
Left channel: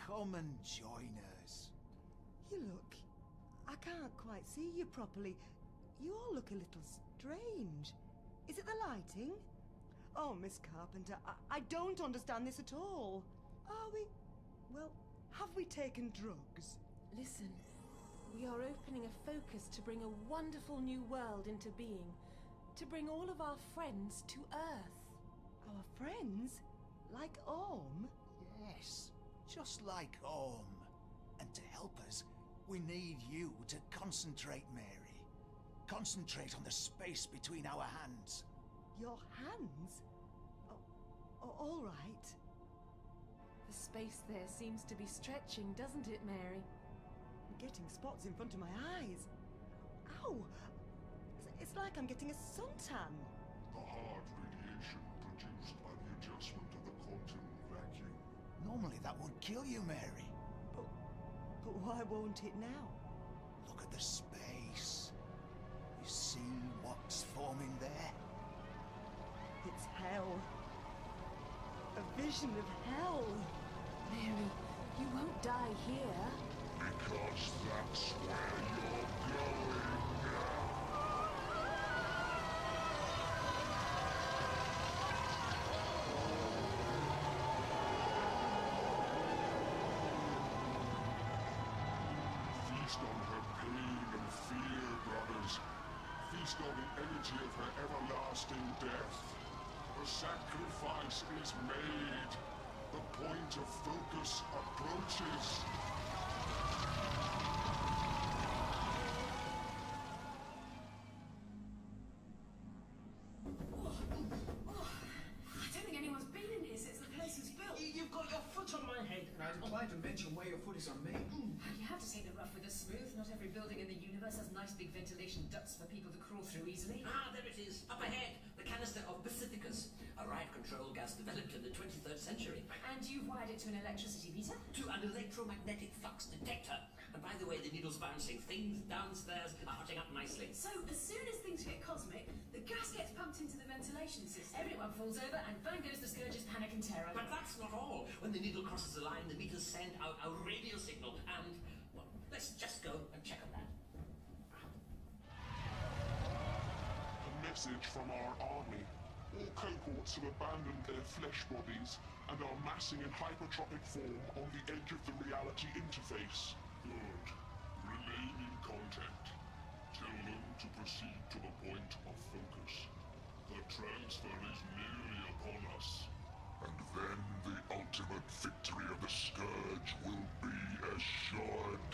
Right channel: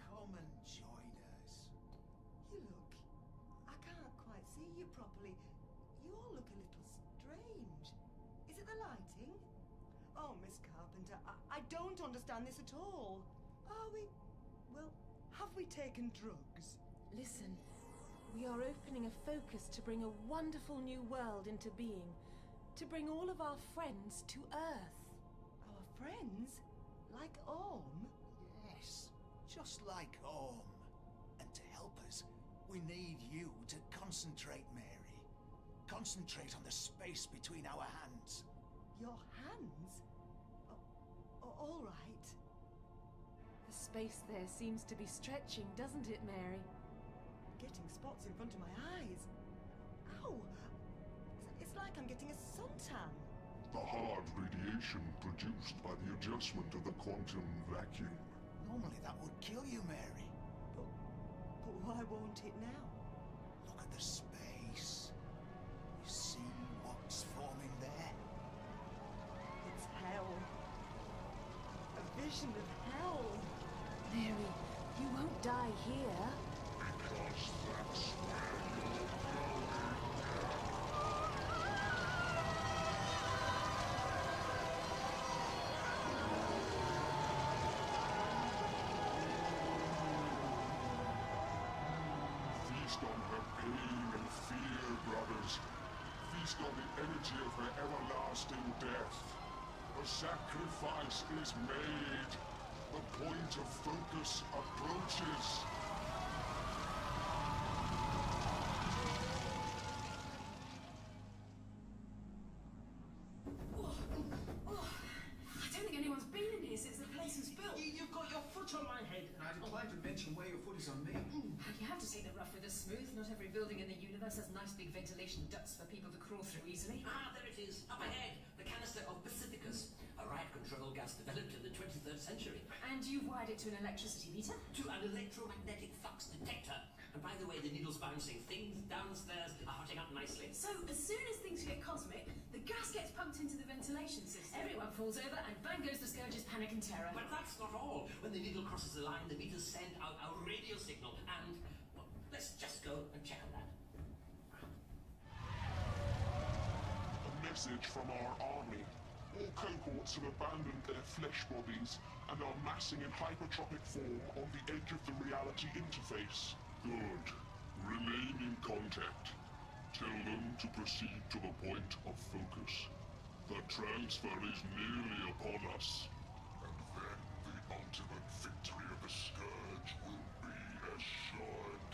Come and join us. You look... I can't quite see you properly. You all look a little strange. Is it the lighting? Oh, Miss Carpenter, I don't understand this at all. Are we... well, have we taken drugs? Listen, we are opening a focus to bring a wonderful new world into being. To bring all of our friends to Earth. Our friends? Like Orm? Yes, just like Orm. And to help us, we need you to concentrate, Mary. Concentrate on the space between our hands. Your hands? Oh, all right. The space there seems to be stretching, doesn't it, Mary? I'm getting spots in front of my eyes. Ow! It's like I'm getting a suntan. The hard radiation produced by the adjustment of the quantum vacuum. Normally that would kill you, Mary. But why won't it now? Look at the space. You see what's forming there? It's hell. A vision of hell. Mary, you won't die here. Because that's where you're going. Feast on her pain and fear, brothers. Feast on the energy of her everlasting death. A sacrifice is made. The point of focus approaches. I don't think anyone's been in here since the place was built. You've got your foot on my head. And I decline to mention where your foot is on me. You have to take the rough with the smooth. Not every building in the universe has nice big ventilation ducts for people to crawl through easily. Ah, there it is. Up ahead. The canister of Pacificus. A riot-control gas developed in the 23rd century. And you've wired it to an electricity meter? To an electromagnetic flux detector. And by the way, the needle's bouncing. Things downstairs are hotting up nicely. So, as soon as things get cosmic, the gas gets pumped into the ventilation system. Everyone falls over and bang goes the Scourge's panic and terror. But that's not all. When the needle crosses the line, the meters send out a radio signal and... well, let's just go and check on that. A message from our army. All cohorts have abandoned their flesh bodies and are massing in hypertropic form on the edge of the reality interface. Good. Remain in contact. Tell them to proceed to the point of focus. The transfer is nearly upon us. And then the ultimate victory of the Scourge will be assured.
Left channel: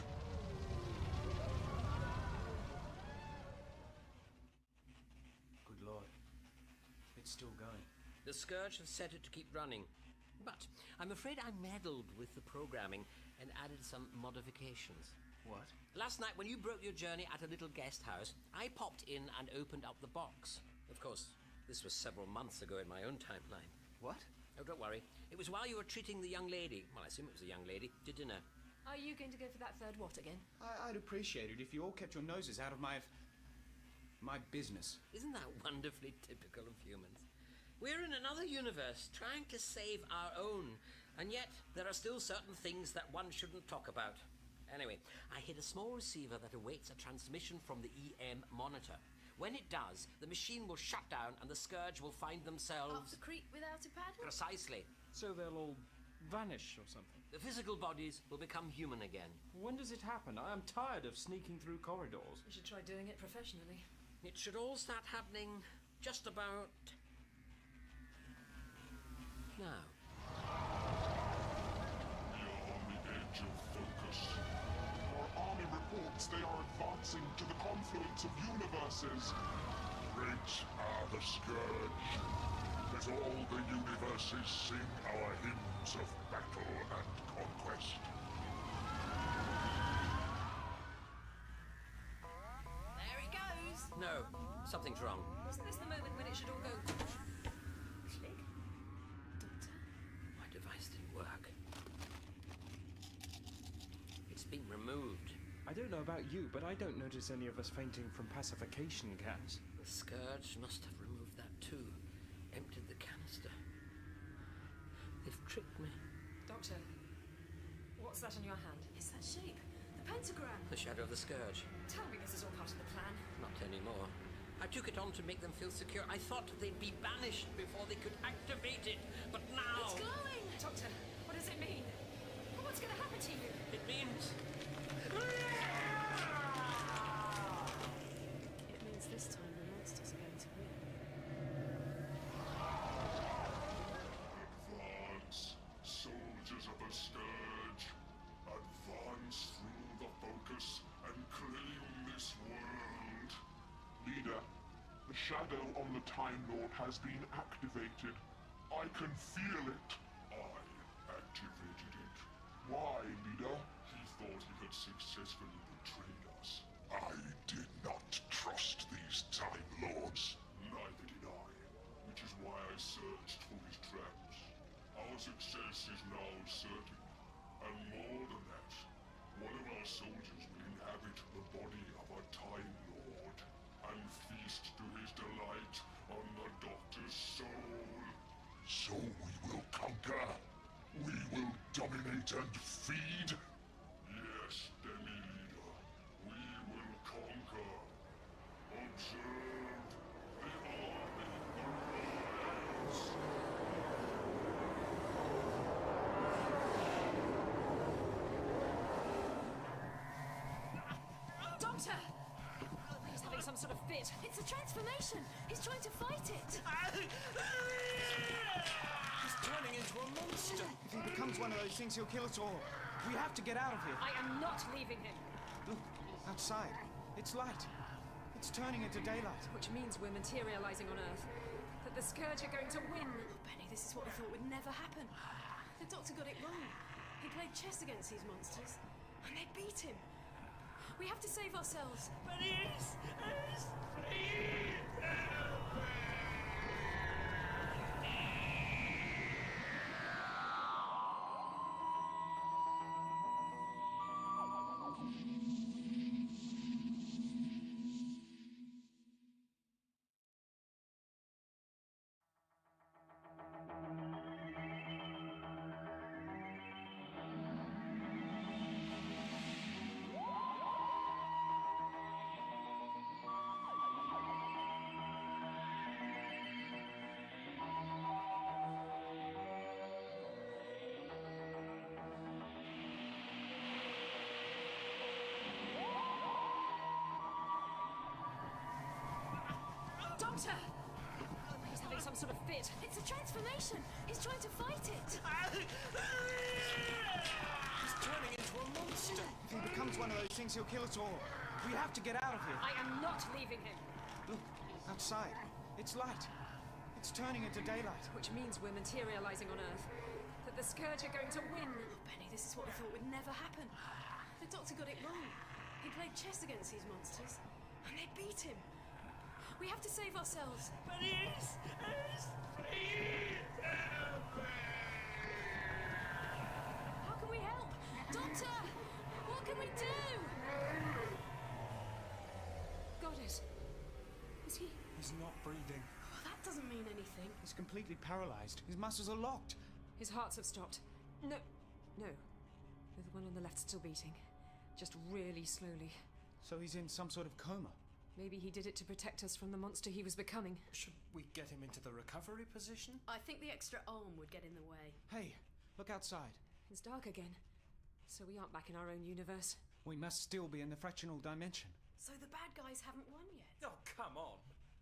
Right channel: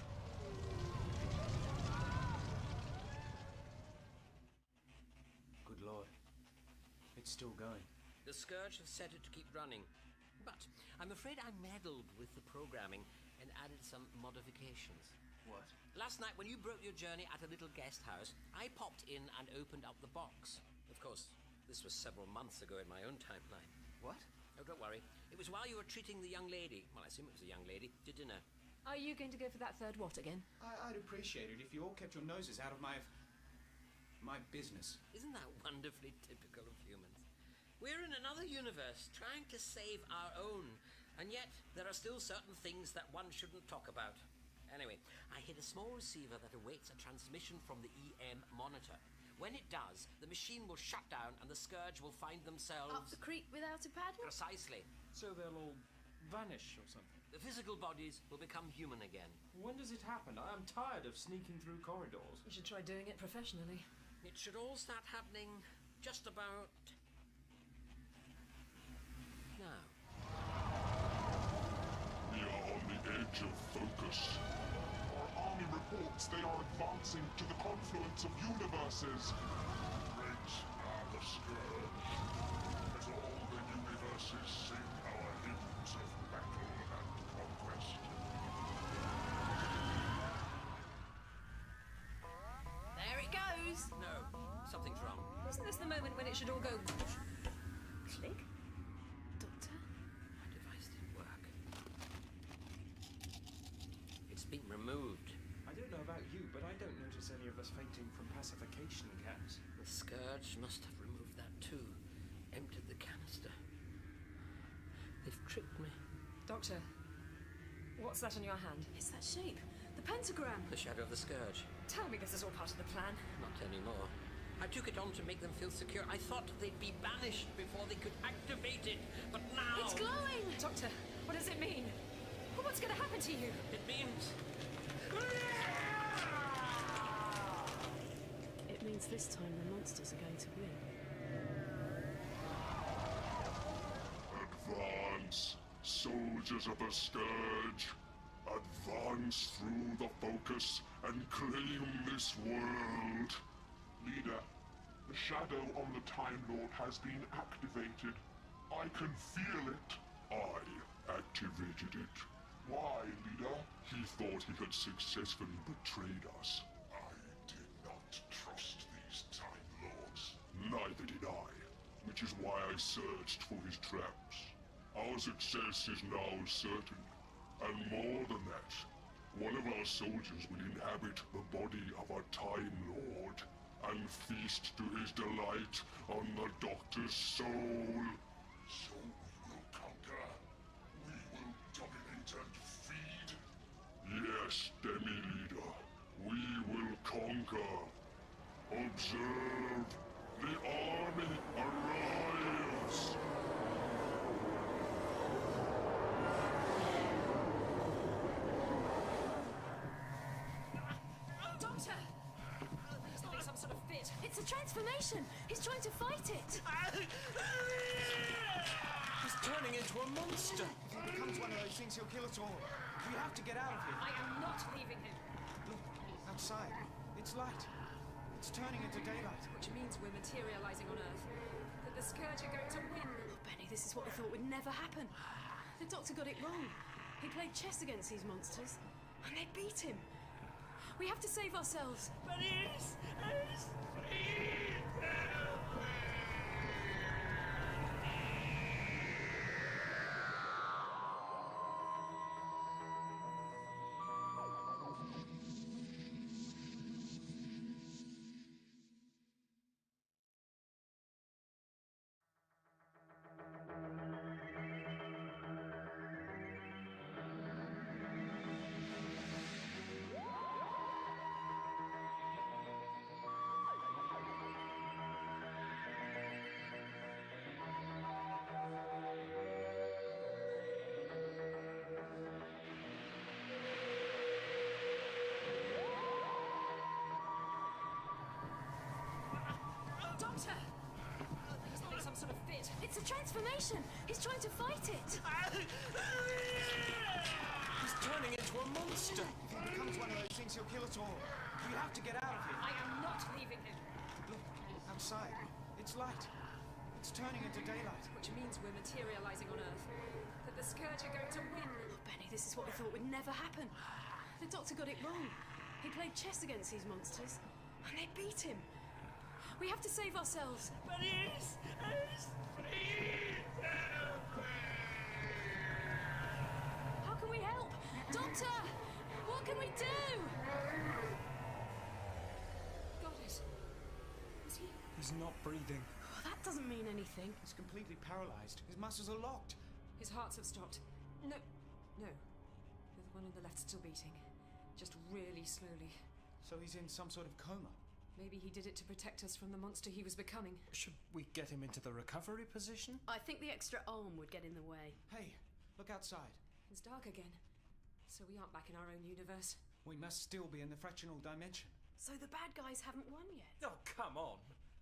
Good Lord. It's still going. The Scourge has set it to keep running. But I'm afraid I meddled with the programming and added some modifications. What? Last night, when you broke your journey at a little guest house, I popped in and opened up the box. Of course, this was several months ago in my own timeline. What? Oh, don't worry. It was while you were treating the young lady, well, I assume it was a young lady, to dinner. Are you going to go for that third what again? I'd appreciate it if you all kept your noses out of my... My business. Isn't that wonderfully typical of humans? We're in another universe, trying to save our own, and yet there are still certain things that one shouldn't talk about. Anyway, I hid a small receiver that awaits a transmission from the EM monitor. When it does, the machine will shut down and the Scourge will find themselves... Up the creek without a paddle? Precisely. So they'll all vanish or something? The physical bodies will become human again. When does it happen? I am tired of sneaking through corridors. You should try doing it professionally. It should all start happening just about... now. We are on the edge of focus. Our army reports they are advancing to the confluence of universes. Great are the Scourge. Let all the universes sing our hymns of battle and conquest. There it goes! No, something's wrong. Isn't this the moment when it should all go... click? Doctor? My device didn't work. It's been removed. I don't know about you, but I don't notice any of us fainting from pacification gas. The Scourge must have removed that too. Emptied the canister. They've tricked me. Doctor, what's that in your hand? It's that shape. The pentagram. The shadow of the Scourge. Tell me this is all part of the plan. Not anymore. I took it on to make them feel secure. I thought they'd be banished before they could activate it, but now... It's glowing! Doctor, what does it mean? What's going to happen to you? It means... It means this time the monsters are going to win. Advance, soldiers of the Scourge. Advance through the focus and claim this world. Leader, the shadow on the Time Lord has been activated. I can feel it. I activated it. Why, Leader? He thought he had successfully betrayed us. I did not trust these Time Lords. Neither did I. Which is why I searched for his traps. Our success is now certain. And more than that, one of our soldiers will inhabit the body of a Time Lord and feast to his delight on the Doctor's soul. So we will conquer. We will dominate and feed. Yes, Demi-Leader, we will conquer. Observe, the army arrives. Doctor! He's having some sort of fit. It's a transformation! He's trying to fight it! He's turning into a monster. If he becomes one of those things, he'll kill us all. We have to get out of here. I am not leaving him. Look, outside. It's light. It's turning into daylight. Which means we're materializing on Earth. That the Scourge are going to win. Oh, Benny, this is what we thought would never happen. The Doctor got it wrong. He played chess against these monsters, and they beat him. We have to save ourselves. Please! Please! Doctor! He's having some sort of fit. It's a transformation! He's trying to fight it! He's turning into a monster. If he becomes one of those things, he'll kill us all. We have to get out of here. I am not leaving him. Look, outside. It's light. It's turning into daylight. Which means we're materializing on Earth. That the Scourge are going to win. Oh, Benny, this is what we thought would never happen. The Doctor got it wrong. He played chess against these monsters, and they beat him. We have to save ourselves. Please! Please! How can we help? Doctor! What can we do? Got it. He's not breathing. Oh, that doesn't mean anything. He's completely paralyzed. His muscles are locked. His hearts have stopped. No. The one on the left's still beating. Just really slowly. So he's in some sort of coma. Maybe he did it to protect us from the monster he was becoming. Should we get him into the recovery position? I think the extra arm would get in the way. Hey, look outside. It's dark again. So we aren't back in our own universe. We must still be in the fractional dimension. So the bad guys haven't won yet? Oh, come on.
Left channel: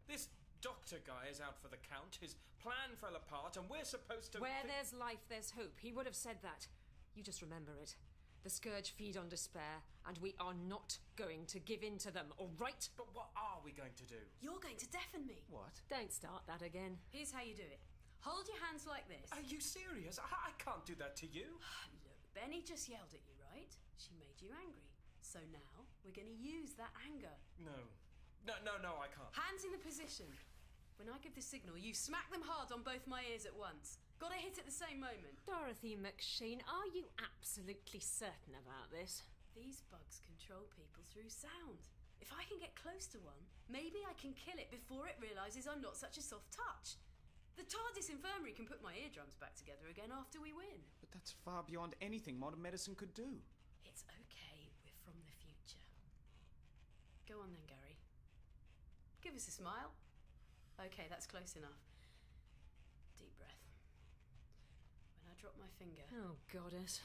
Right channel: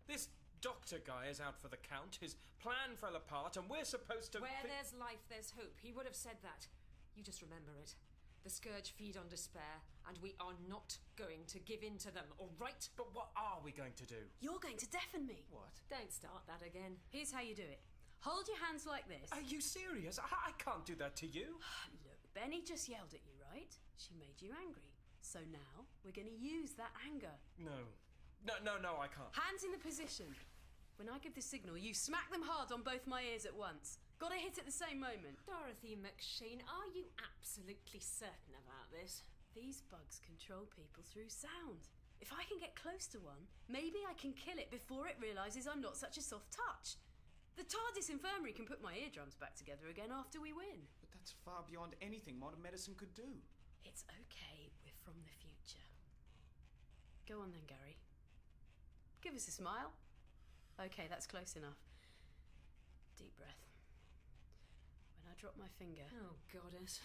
This doctor guy is out for the count. His plan fell apart and we're supposed to... Where there's life, there's hope. He would have said that. You just remember it. The Scourge feed on despair, and we are not going to give in to them, all right? But what are we going to do? You're going to deafen me. What? Don't start that again. Here's how you do it. Hold your hands like this. Are you serious? I can't do that to you. Look, Benny just yelled at you, right? She made you angry. So now we're going to use that anger. No, I can't. Hands in the position. When I give the signal, you smack them hard on both my ears at once. Gotta hit at the same moment. Dorothy McShane, are you absolutely certain about this? These bugs control people through sound. If I can get close to one, maybe I can kill it before it realises I'm not such a soft touch. The TARDIS infirmary can put my eardrums back together again after we win. But that's far beyond anything modern medicine could do. It's okay, we're from the future. Go on then, Gary. Give us a smile. Okay, that's close enough. Deep breath. When I drop my finger... Oh, goddess.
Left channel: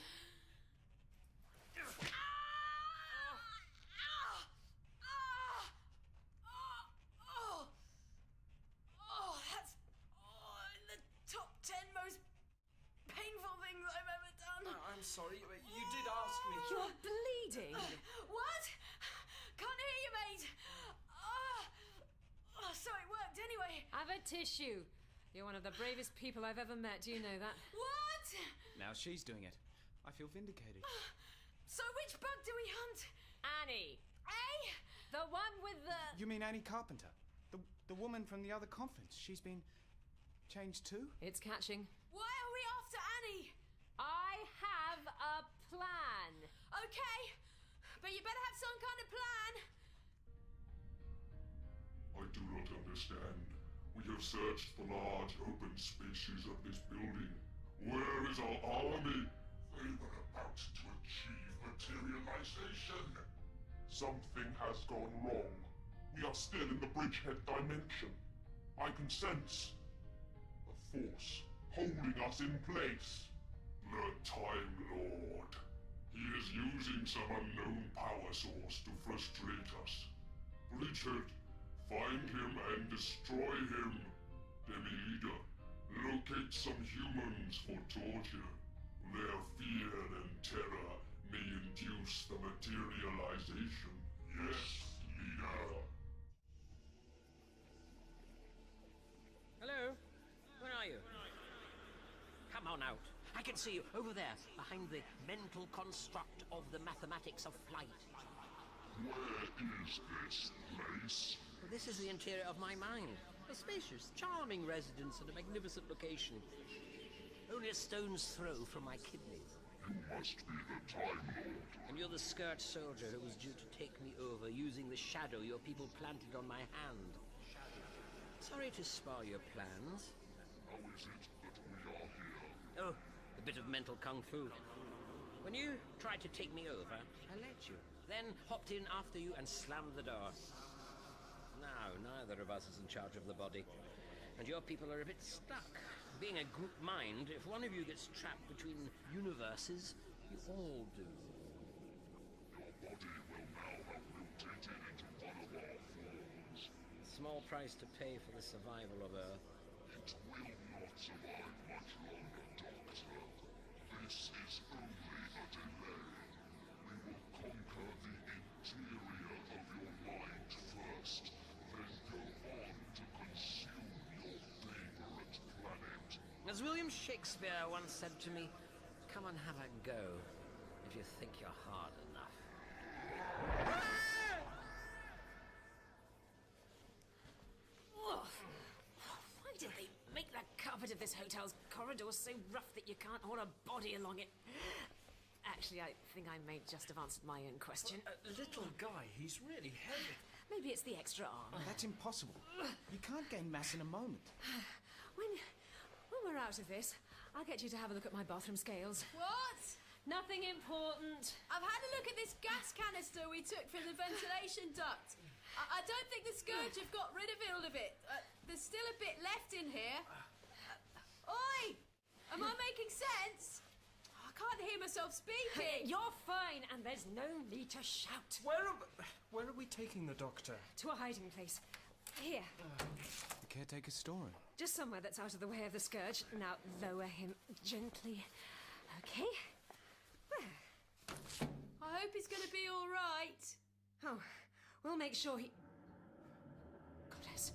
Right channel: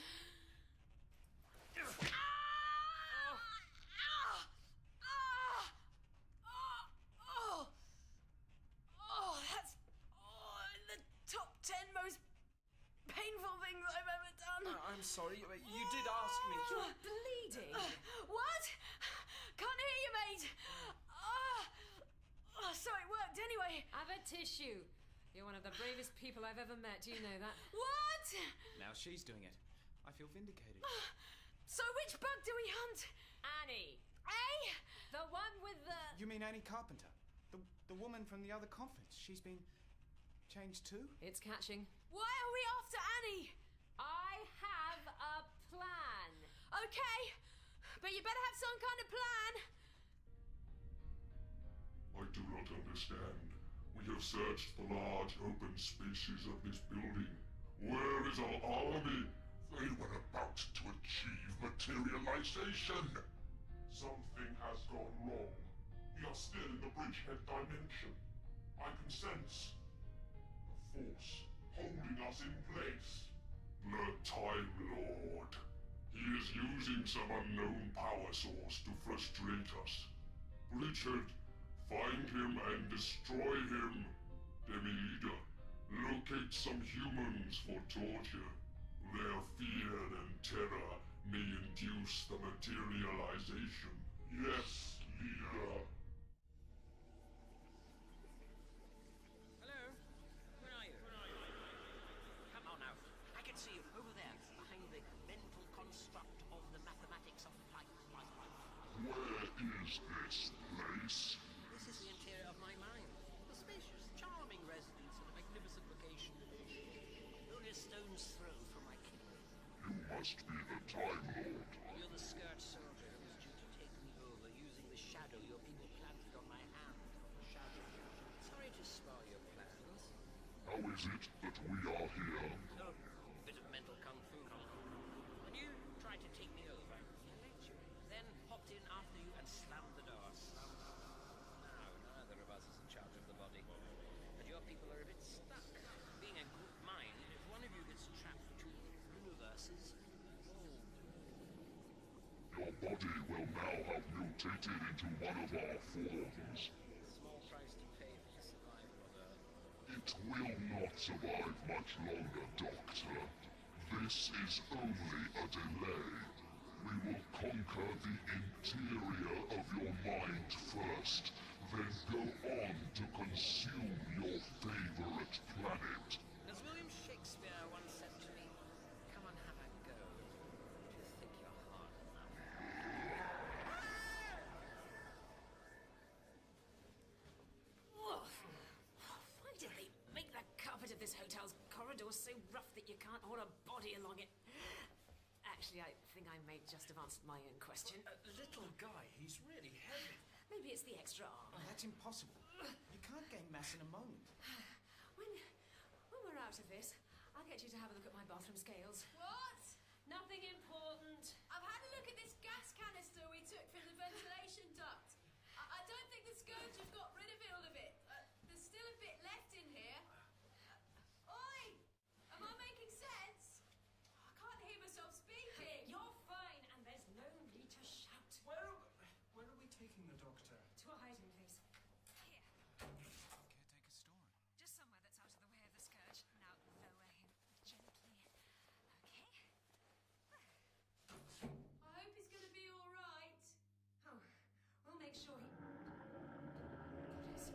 That's the top 10 most painful things I've ever done. I'm sorry, you did ask me. You're bleeding. What? Can't hear you, mate. So it worked anyway. Have a tissue. You're one of the bravest people I've ever met. Do you know that? What? Now she's doing it. I feel vindicated. So which bug do we hunt? Annie. Eh? The one with the... You mean Annie Carpenter? The woman from the other conference. She's been changed too? It's catching. Why are we after Annie? I have a plan. Okay, but you better have some kind of plan. I do not understand. We have searched the large open spaces of this building. Where is our army? They were about to achieve materialization. Something has gone wrong. We are still in the bridgehead dimension. I can sense a force holding us in place. The Time Lord. He is using some unknown power source to frustrate us. Bridgehead, find him and destroy him. Demi-Leader, locate some humans for torture. Their fear and terror may induce the materialization. Yes, Leader. Hello? Where are you? Come on out. I can see you over there, behind the mental construct of the mathematics of flight. Where is this place? Well, this is the interior of my mind. A spacious, charming residence and a magnificent location. Only a stone's throw from my kidneys. You must be the Time Lord. And you're the skirt soldier who was due to take me over using the shadow your people planted on my hand. Sorry to spoil your plans. How is it that we are here? Oh, a bit of mental kung fu. When you tried to take me over, I let you. Then hopped in after you and slammed the door. Now, neither of us is in charge of the body. And your people are a bit stuck. Being a group mind, if one of you gets trapped between universes, you all do. Your body will now have mutated into one of our forms. Small price to pay for the survival of Earth. It will not survive much longer, Doctor. This is only a delay. We will conquer the interior of your mind first, then go on to consume your favorite planet. As William Shakespeare once said to me, come and have a go, if you think you're hard enough. Why did they make the carpet of this hotel's corridor so rough that you can't hold a body along it? Actually, I think I may just have answered my own question. Little guy, he's really heavy. Maybe it's the extra arm. That's impossible. You can't gain mass in a moment. When we're out of this, I'll get you to have a look at my bathroom scales. What? Nothing important. I've had a look at this gas canister we took from the ventilation duct. I don't think the Scourge have got rid of all of it. There's still a bit left in here. Oi! Am I making sense? I can't hear myself speaking. You're fine, and there's no need to shout. Where are we taking the doctor? To a hiding place. Here. The caretaker's storeroom. Just somewhere that's out of the way of the Scourge. Now lower him gently. Okay. There. I hope he's going to be all right. Oh, we'll make sure he... Goddess.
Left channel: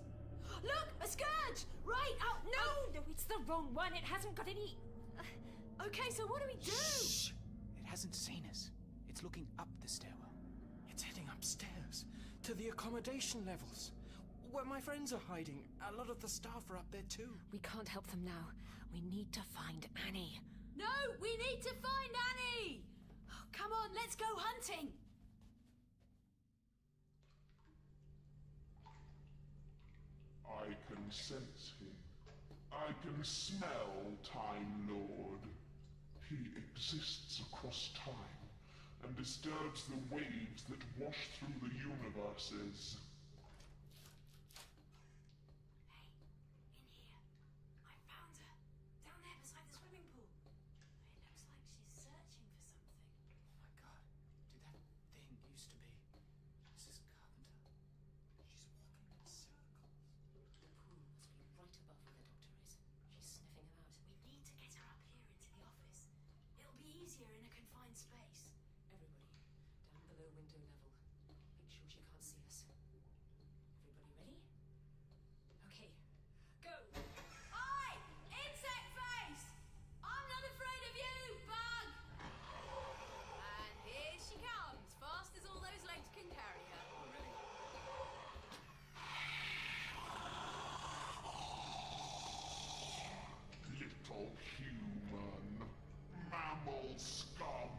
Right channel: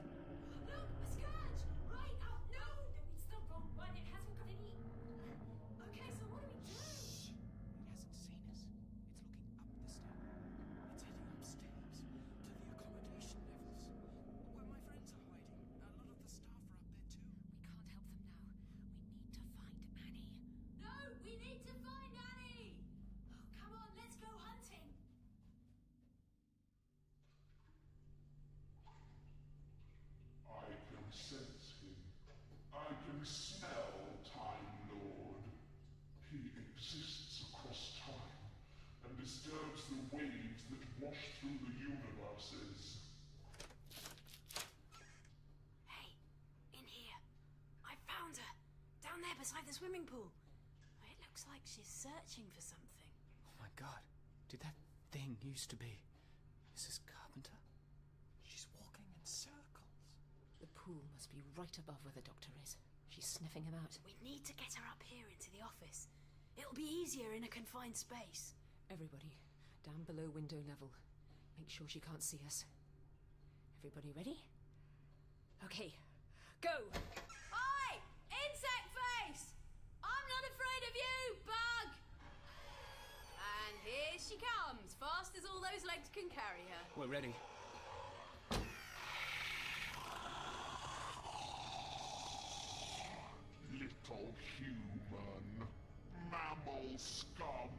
Look, a Scourge! Right out. No, it's the wrong one. It hasn't got any... Okay, so what do we do? Shh! It hasn't seen us. It's looking up the stairwell. It's heading upstairs to the accommodation levels, where my friends are hiding. A lot of the staff are up there too. We can't help them now. We need to find Annie. No, we need to find Annie! Oh, come on, let's go hunting! I can sense him. I can smell Time Lord. He exists across time and disturbs the waves that wash through the universes. Hey, in here. I found her. Down there beside the swimming pool. It looks like she's searching for something. Oh my god. Did that thing used to be Mrs. Carpenter? She's walking in circles. The pool must be right above where the doctor is. She's sniffing him out. We need to get her up here into the office. It'll be easier in a confined space. Everybody, down below window level. Make sure she can't see us. Everybody ready? Okay, go! Oi! Insect face! I'm not afraid of you, bug! And here she comes, fast as all those legs can carry her. We're ready. Little human, mammal scum,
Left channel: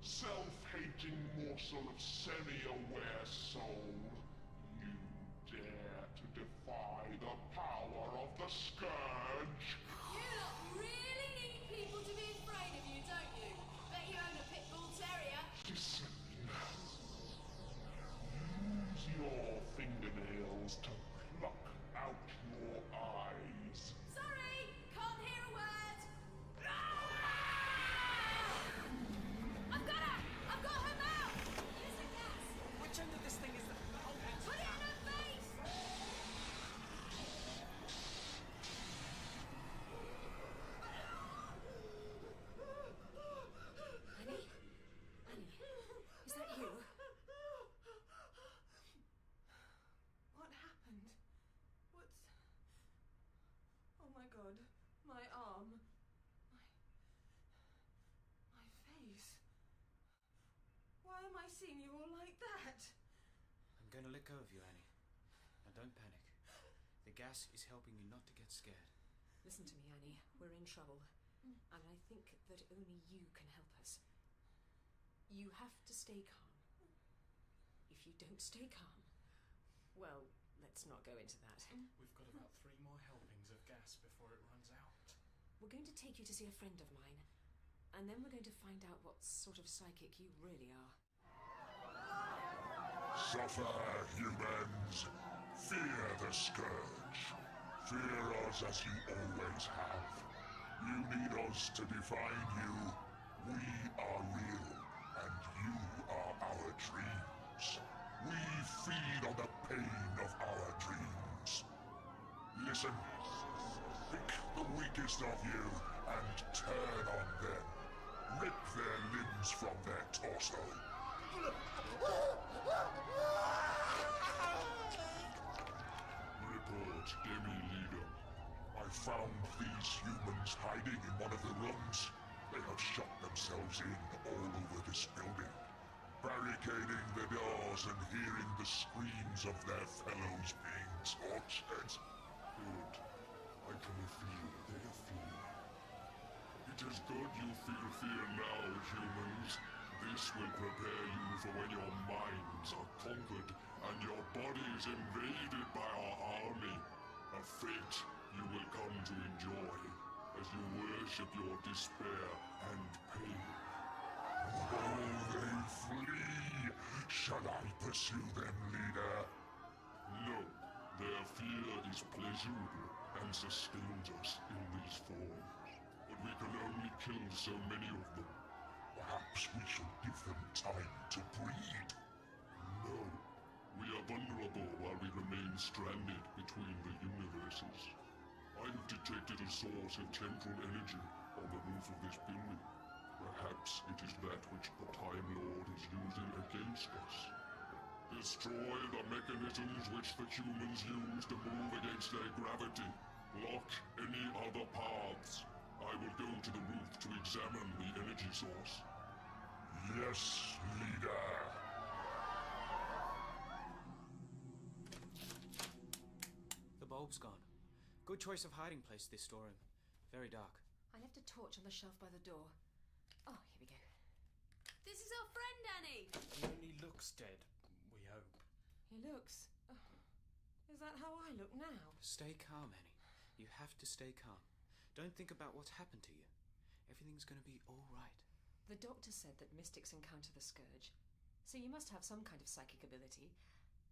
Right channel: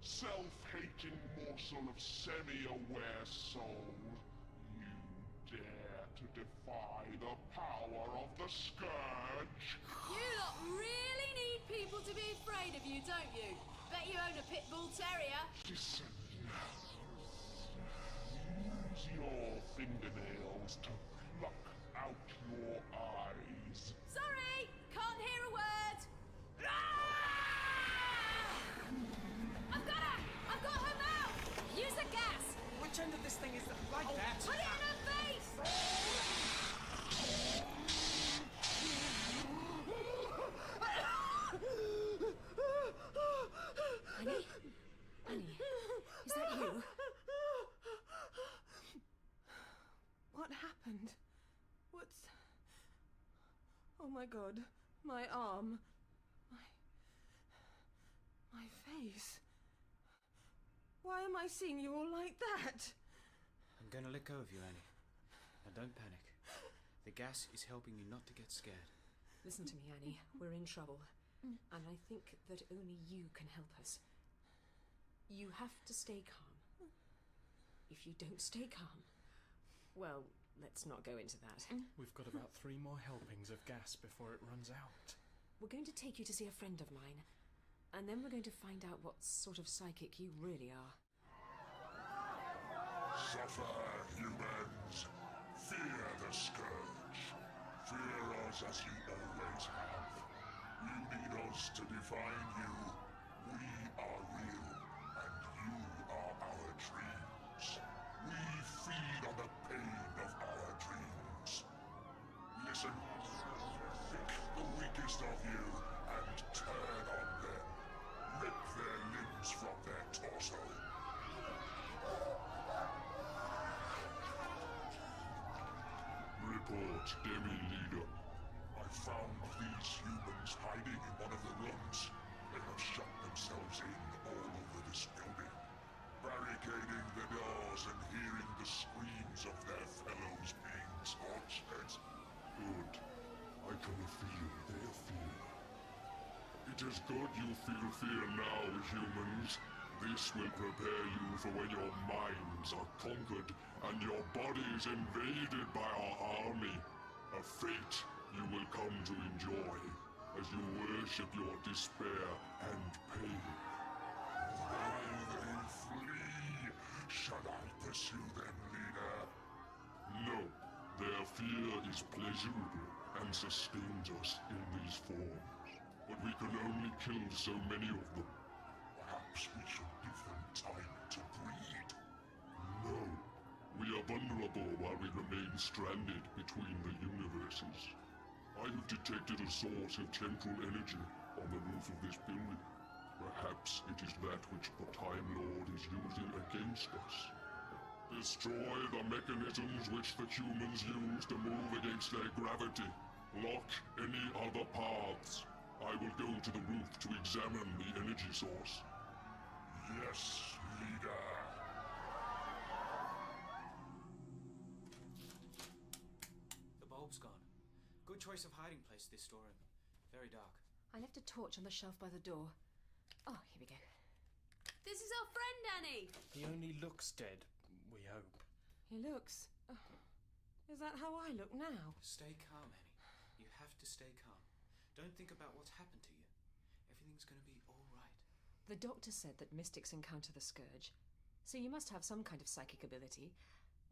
self-hating morsel of semi-aware soul. You dare to defy the power of the Scourge? You lot really need people to be afraid of you, don't you? Bet you own a pit bull terrier. Listen. Use your fingernails to pluck out your eyes. Sorry, can't hear a word. I've got her! I've got her mouth! Use the gas! Which end of this thing is that? Like that? Put it in her face! Annie? Annie, is that you? What happened? What's... Oh my god. My arm. My face. Why am I seeing you all like that? I'm gonna let go of you, Annie. Now don't panic. The gas is helping you not to get scared. Listen to me, Annie. We're in trouble. And I think that only you can help us. You have to stay calm. If you don't stay calm, well, let's not go into that. We've got about 3 more helpings of gas before it runs out. We're going to take you to see a friend of mine. And then we're going to find out what sort of psychic you really are. Suffer, humans. Fear the Scourge. Fear us as you always have. You need us to define you. We are real, and you are our dreams. We feed on the pain of our dreams. Listen. Pick the weakest of you and turn on them. Rip their limbs from their torso. Report, Demi-Leader. I found these humans hiding in one of the rooms. They have shut themselves in all over this building, barricading the doors and hearing the screams of their fellows being tortured. Good. I can feel their fear. It is good you feel fear now, humans. This will prepare you for when your minds are conquered and your bodies invaded by our army. A fate you will come to enjoy as you worship your despair and pain. Though they flee, shall I pursue them, leader? No, their fear is pleasurable and sustains us in these forms. But we can only kill so many of them. Perhaps we should give them time to breed. No, we are vulnerable while we remain stranded between the universes. I have detected a source of temporal energy on the roof of this building. Perhaps it is that which the Time Lord is using against us. Destroy the mechanisms which the humans use to move against their gravity. Block any other paths. I will go to the roof to examine the energy source. Yes, leader. The bulb's gone. Good choice of hiding place, this storeroom. Very dark. I left a torch on the shelf by the door. Oh, here we go. This is our friend, Annie. He only looks dead, we hope. He looks... is that how I look now? Stay calm, Annie. You have to stay calm. Don't think about what's happened to you. Everything's gonna be all right. The doctor said that mystics encounter the scourge. So you must have some kind of psychic ability.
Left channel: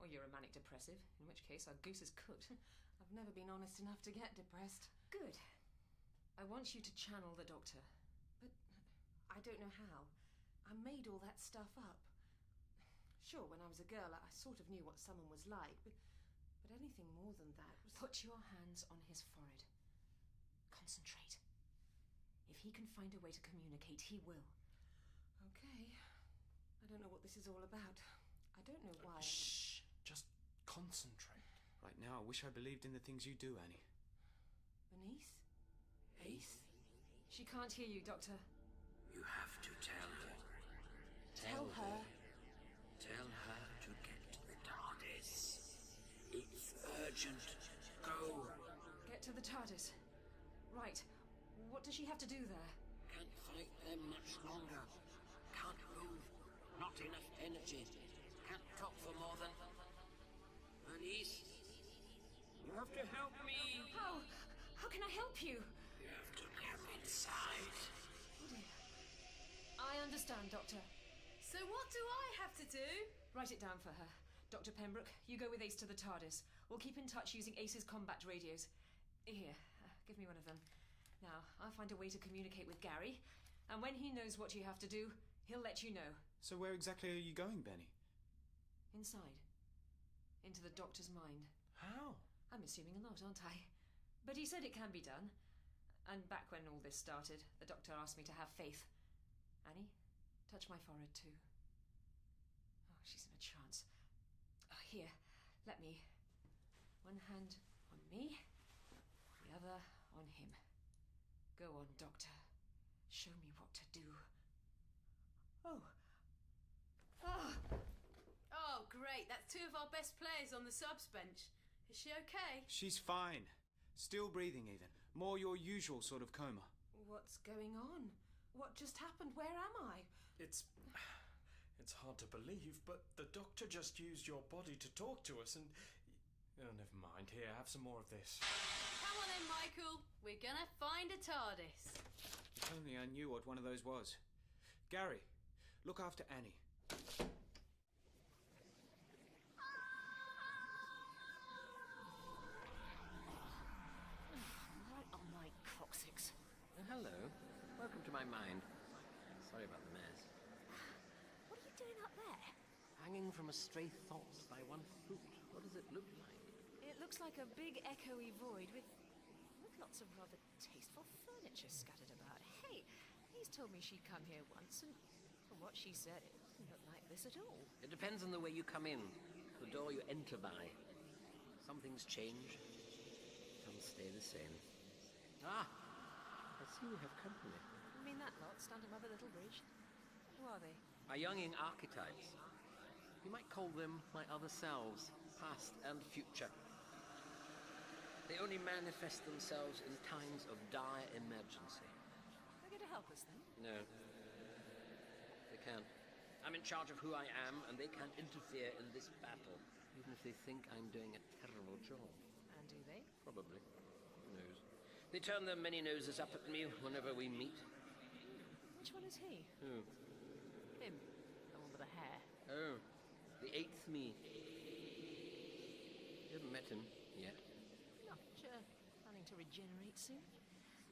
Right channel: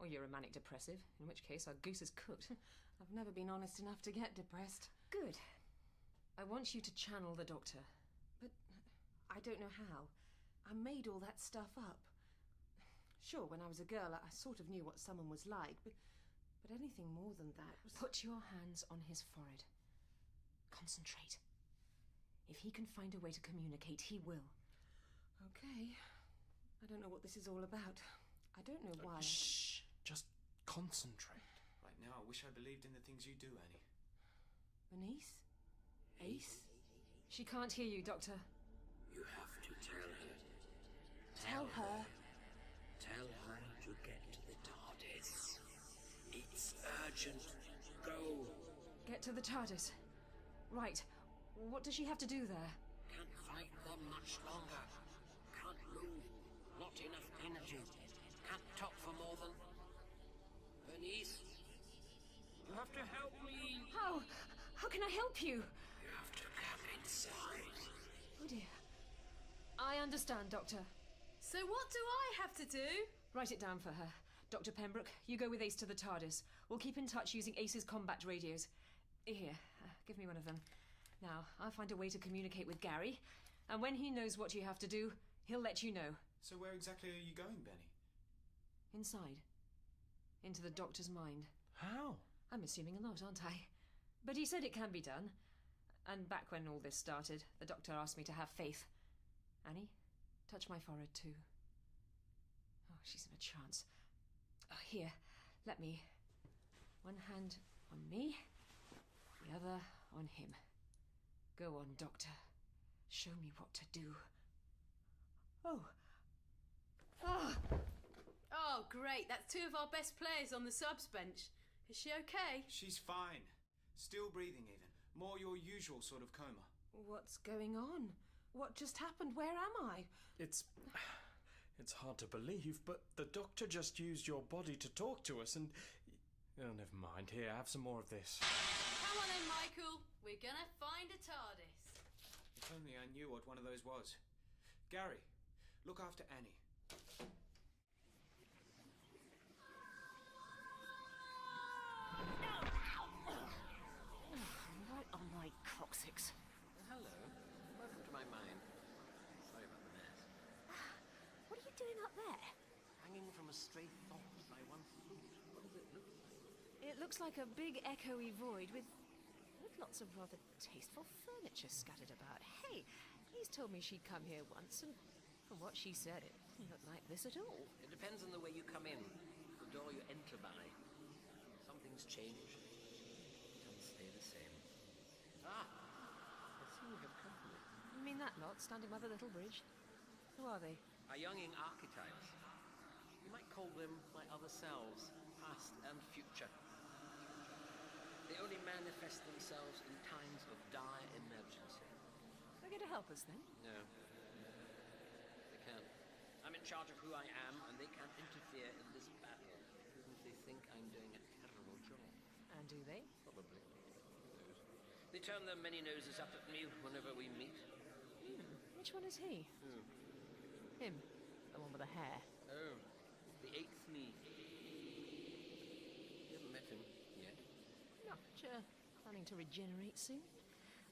Or you're a manic depressive, in which case our goose is cooked. I've never been honest enough to get depressed. Good. I want you to channel the doctor. But I don't know how. I made all that stuff up. Sure, when I was a girl, I sort of knew what someone was like, but anything more than that was... Put your hands on his forehead. Concentrate. If he can find a way to communicate, he will. Okay. I don't know what this is all about. I don't know why. Shh! Just concentrate. Right now, I wish I believed in the things you do, Annie. Bernice? Ace? She can't hear you, Doctor. You have to tell her. Tell her? Tell her to get to the TARDIS. It's urgent. Go. Get to the TARDIS. Right. What does she have to do there? Can't fight them much longer. Can't move. Not enough energy. Can't talk for more than... Bernice? You have to help me. How? How can I help you? You have to come inside. Oh dear. I understand, Doctor. So what do I have to do? Write it down for her. Dr. Pembroke, you go with Ace to the TARDIS. We'll keep in touch using Ace's combat radios. Here, give me one of them. Now, I'll find a way to communicate with Gary, and when he knows what you have to do, he'll let you know. So where exactly are you going, Benny? Inside. Into the Doctor's mind. How? I'm assuming a lot, aren't I? But he said it can be done. And back when all this started, the Doctor asked me to have faith. Annie, touch my forehead too. Oh, she's in a trance. Oh, here, let me. One hand on me, the other on him. Go on, Doctor. Show me what to do. Oh. Ah! Oh, great. That's two of our best players on the subs bench. Is she okay? She's fine. Still breathing even. More your usual sort of coma. What's going on? What just happened? Where am I? It's hard to believe, but the doctor just used your body to talk to us and... Oh, never mind. Here, have some more of this. Come on then, Michael. We're gonna find a TARDIS. If only I knew what one of those was. Gary, look after Annie. Right on my coccyx. Hello. Welcome to my mind. Sorry about the mess. What are you doing up there? Hanging from a stray thought by one foot. What does it look like? It looks like a big echoey void with lots of rather tasteful furniture scattered about. Hey, he's told me she'd come here once, and from what she said, it didn't look like this at all. It depends on the way you come in. The door you enter by. Some things change. Some stay the same. Ah! I see we have company. You mean that lot standing by the little bridge? Who are they? My younging archetypes. You might call them my other selves, past and future. They only manifest themselves in times of dire emergency. They're going to help us then? No. They can't. I'm in charge of who I am, and they can't interfere in this battle, even if they think I'm doing a terrible job. And do they? Probably. Who knows? They turn their many noses up at me whenever we meet. Which one is he? Who? Him. The one with the hair. Oh, the eighth me. You haven't met him yet. Not planning to regenerate soon?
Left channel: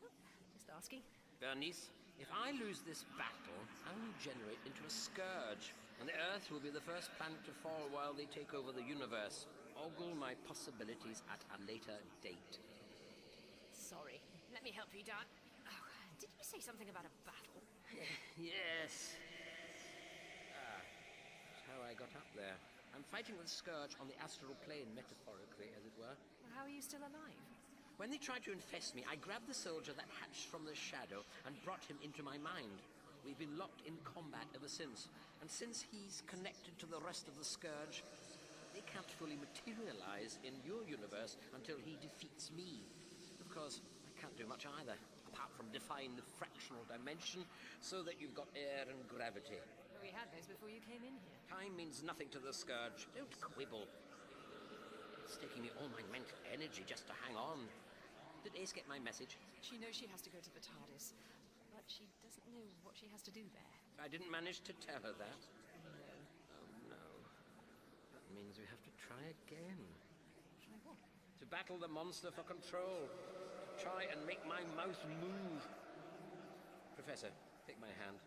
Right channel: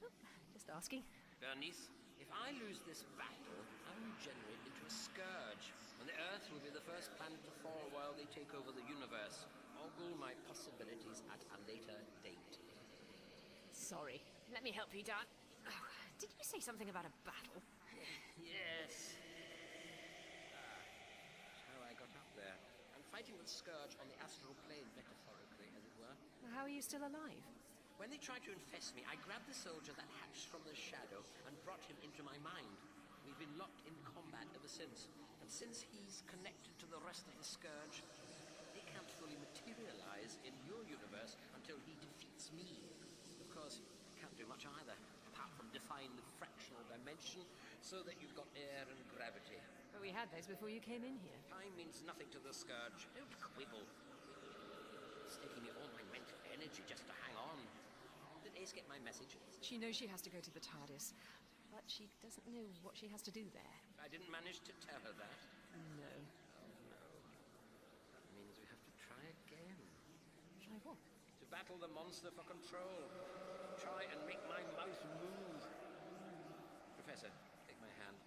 Oh, just asking. Bernice, if I lose this battle, I'll regenerate into a scourge, and the Earth will be the first planet to fall while they take over the universe. Ogle my possibilities at a later date. Sorry. Let me help you, Dan. Oh, did you say something about a battle? Yes. That's how I got up there. I'm fighting the scourge on the astral plane, metaphorically, as it were. How are you still alive? When they tried to infest me, I grabbed the soldier that hatched from the shadow and brought him into my mind. We've been locked in combat ever since, and since he's connected to the rest of the scourge, they can't fully materialize in your universe until he defeats me. Of course, I can't do much either, apart from define the fractional dimension so that you've got air and gravity. But we had those before you came in here. Time means nothing to the scourge. Don't quibble. It's taking me all my mental energy just to hang on. Did Ace get my message? She knows she has to go to the TARDIS, but she doesn't know what she has to do there. I didn't manage to tell her that. No. Oh, no. That means we have to try again. Try what? To battle the monster for control. To try and make my mouth move. Professor, take my hand.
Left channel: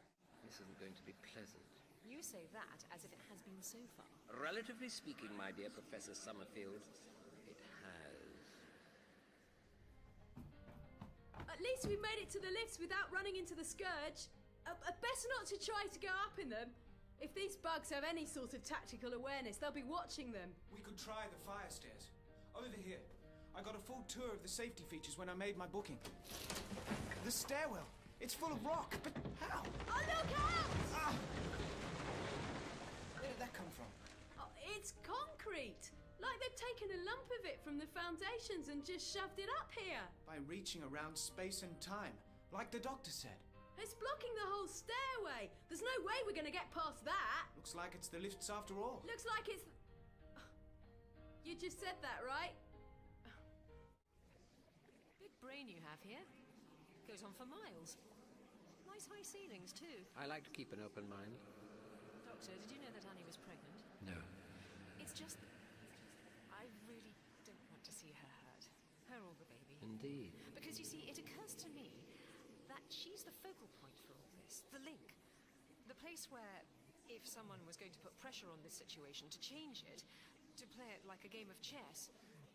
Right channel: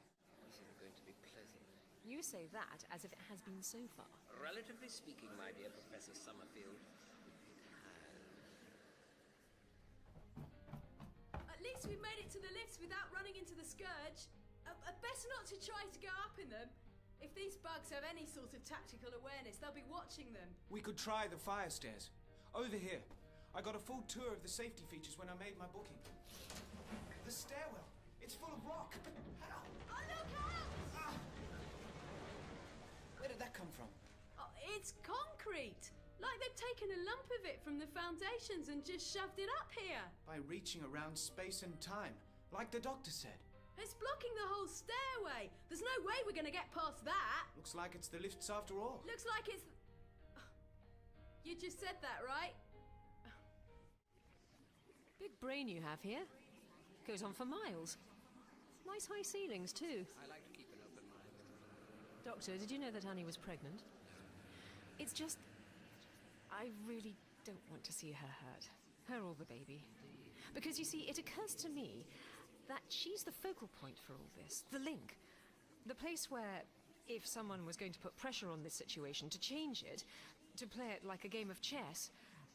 This isn't going to be pleasant. You say that as if it has been so far. Relatively speaking, my dear Professor Summerfield, it has. At least we made it to the lifts without running into the scourge. Best not to try to go up in them. If these bugs have any sort of tactical awareness, they'll be watching them. We could try the fire stairs. Over here. I got a full tour of the safety features when I made my booking. The stairwell. It's full of rock, but how? Oh, look out! Where did that come from? Oh, it's concrete. Like they've taken a lump of it from the foundations and just shoved it up here. By reaching around space and time, like the doctor said. It's blocking the whole stairway. There's no way we're going to get past that. Looks like it's the lifts after all. Looks like it's... You just said that, right? Big brain you have here. Goes on for miles. Nice high ceilings, too. I like to keep an open mind. Doctor, did you know that Annie was pregnant? No. It's just... I really don't want to see her hurt. Her or the baby. Indeed. Because, you see, it occurs to me that she's the focal point for all this. The link. The place where, if someone was going to put pressure on this situation to change it, to play it like a game of chess,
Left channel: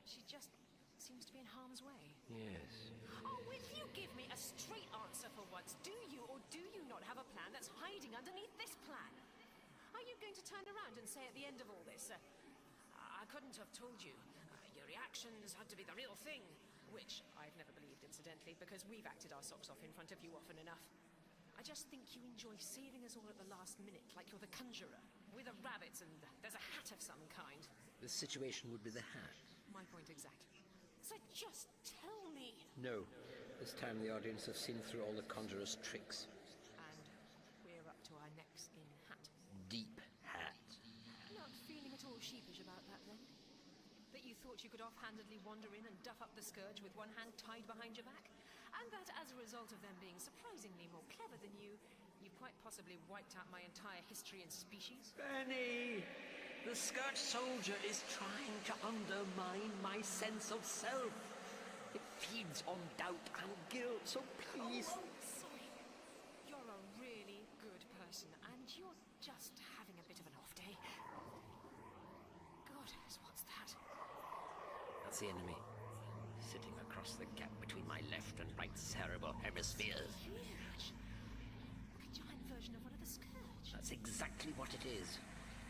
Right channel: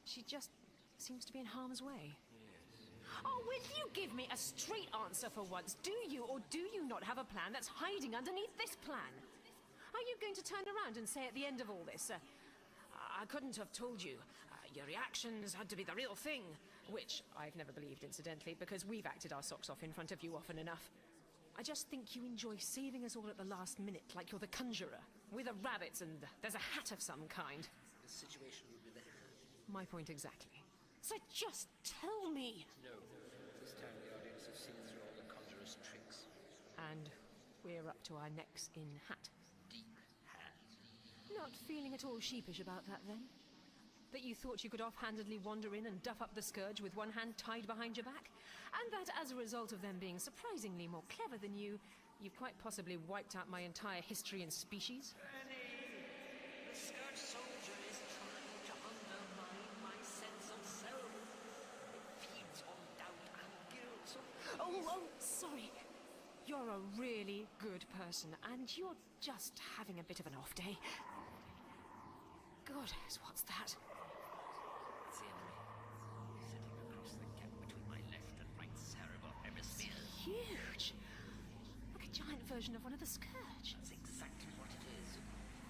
she just seems to be in harm's way. Yes. Oh, will you give me a straight answer for once? Do you or do you not have a plan that's hiding underneath this plan? Are you going to turn around and say at the end of all this, I couldn't have told you. Your reactions had to be the real thing. Which I've never believed, incidentally, because we've acted our socks off in front of you often enough. I just think you enjoy saving us all at the last minute, like you're the conjurer. We're the rabbits and there's a hat of some kind. This situation would be the hat. My point exactly. So just tell me. No. This time the audience have seen through all the conjurer's tricks. And we're up to our necks in hat. Deep hat. Not feeling at all sheepish about that, then? That you thought you could offhandedly wander in and duff up the scourge with one hand tied behind your back? And that as a result of them being surprisingly more clever than you, you've quite possibly wiped out my entire history and species? Benny! The scourge soldier is trying to undermine my sense of self. It feeds on doubt and guilt, so please... Oh, sorry. You're a really good person, and you're just having a bit of an off day. God, what's that? That's the enemy. He's sitting across the gap between my left and right cerebral hemispheres. Huge. Like a giant version of one of the scourge. That's exactly what it is.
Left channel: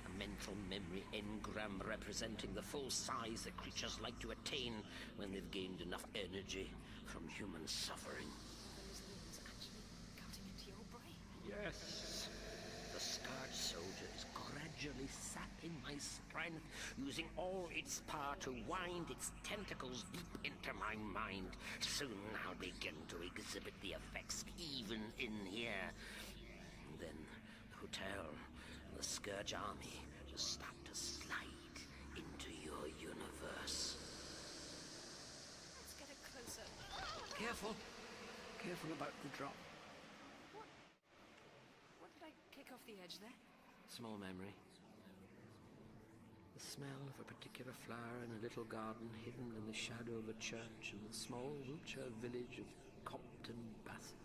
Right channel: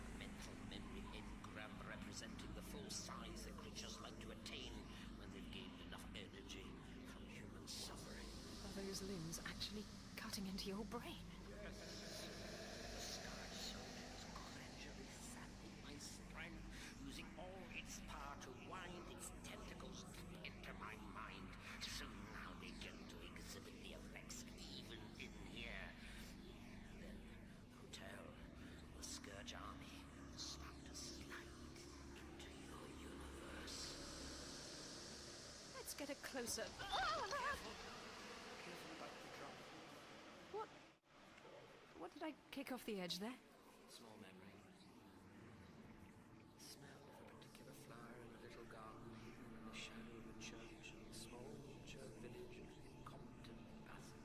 A mental memory engram representing the full size that creatures like to attain when they've gained enough energy from human suffering. Are those limbs actually cutting into your brain? Yes. The scourge soldier is gradually sapping my strength, using all its power to wind its tentacles deep into my mind. Soon I'll begin to exhibit the effects even in here. Then, who hotel, and the Scourge army will start to slide into your universe. Let's get a closer. Careful. Careful about the drop. What did I kick off the edge there? Small memory. The smell of a particular flower in a little garden hidden in the shadow of a church in the small Wiltshire village of Compton Bassett.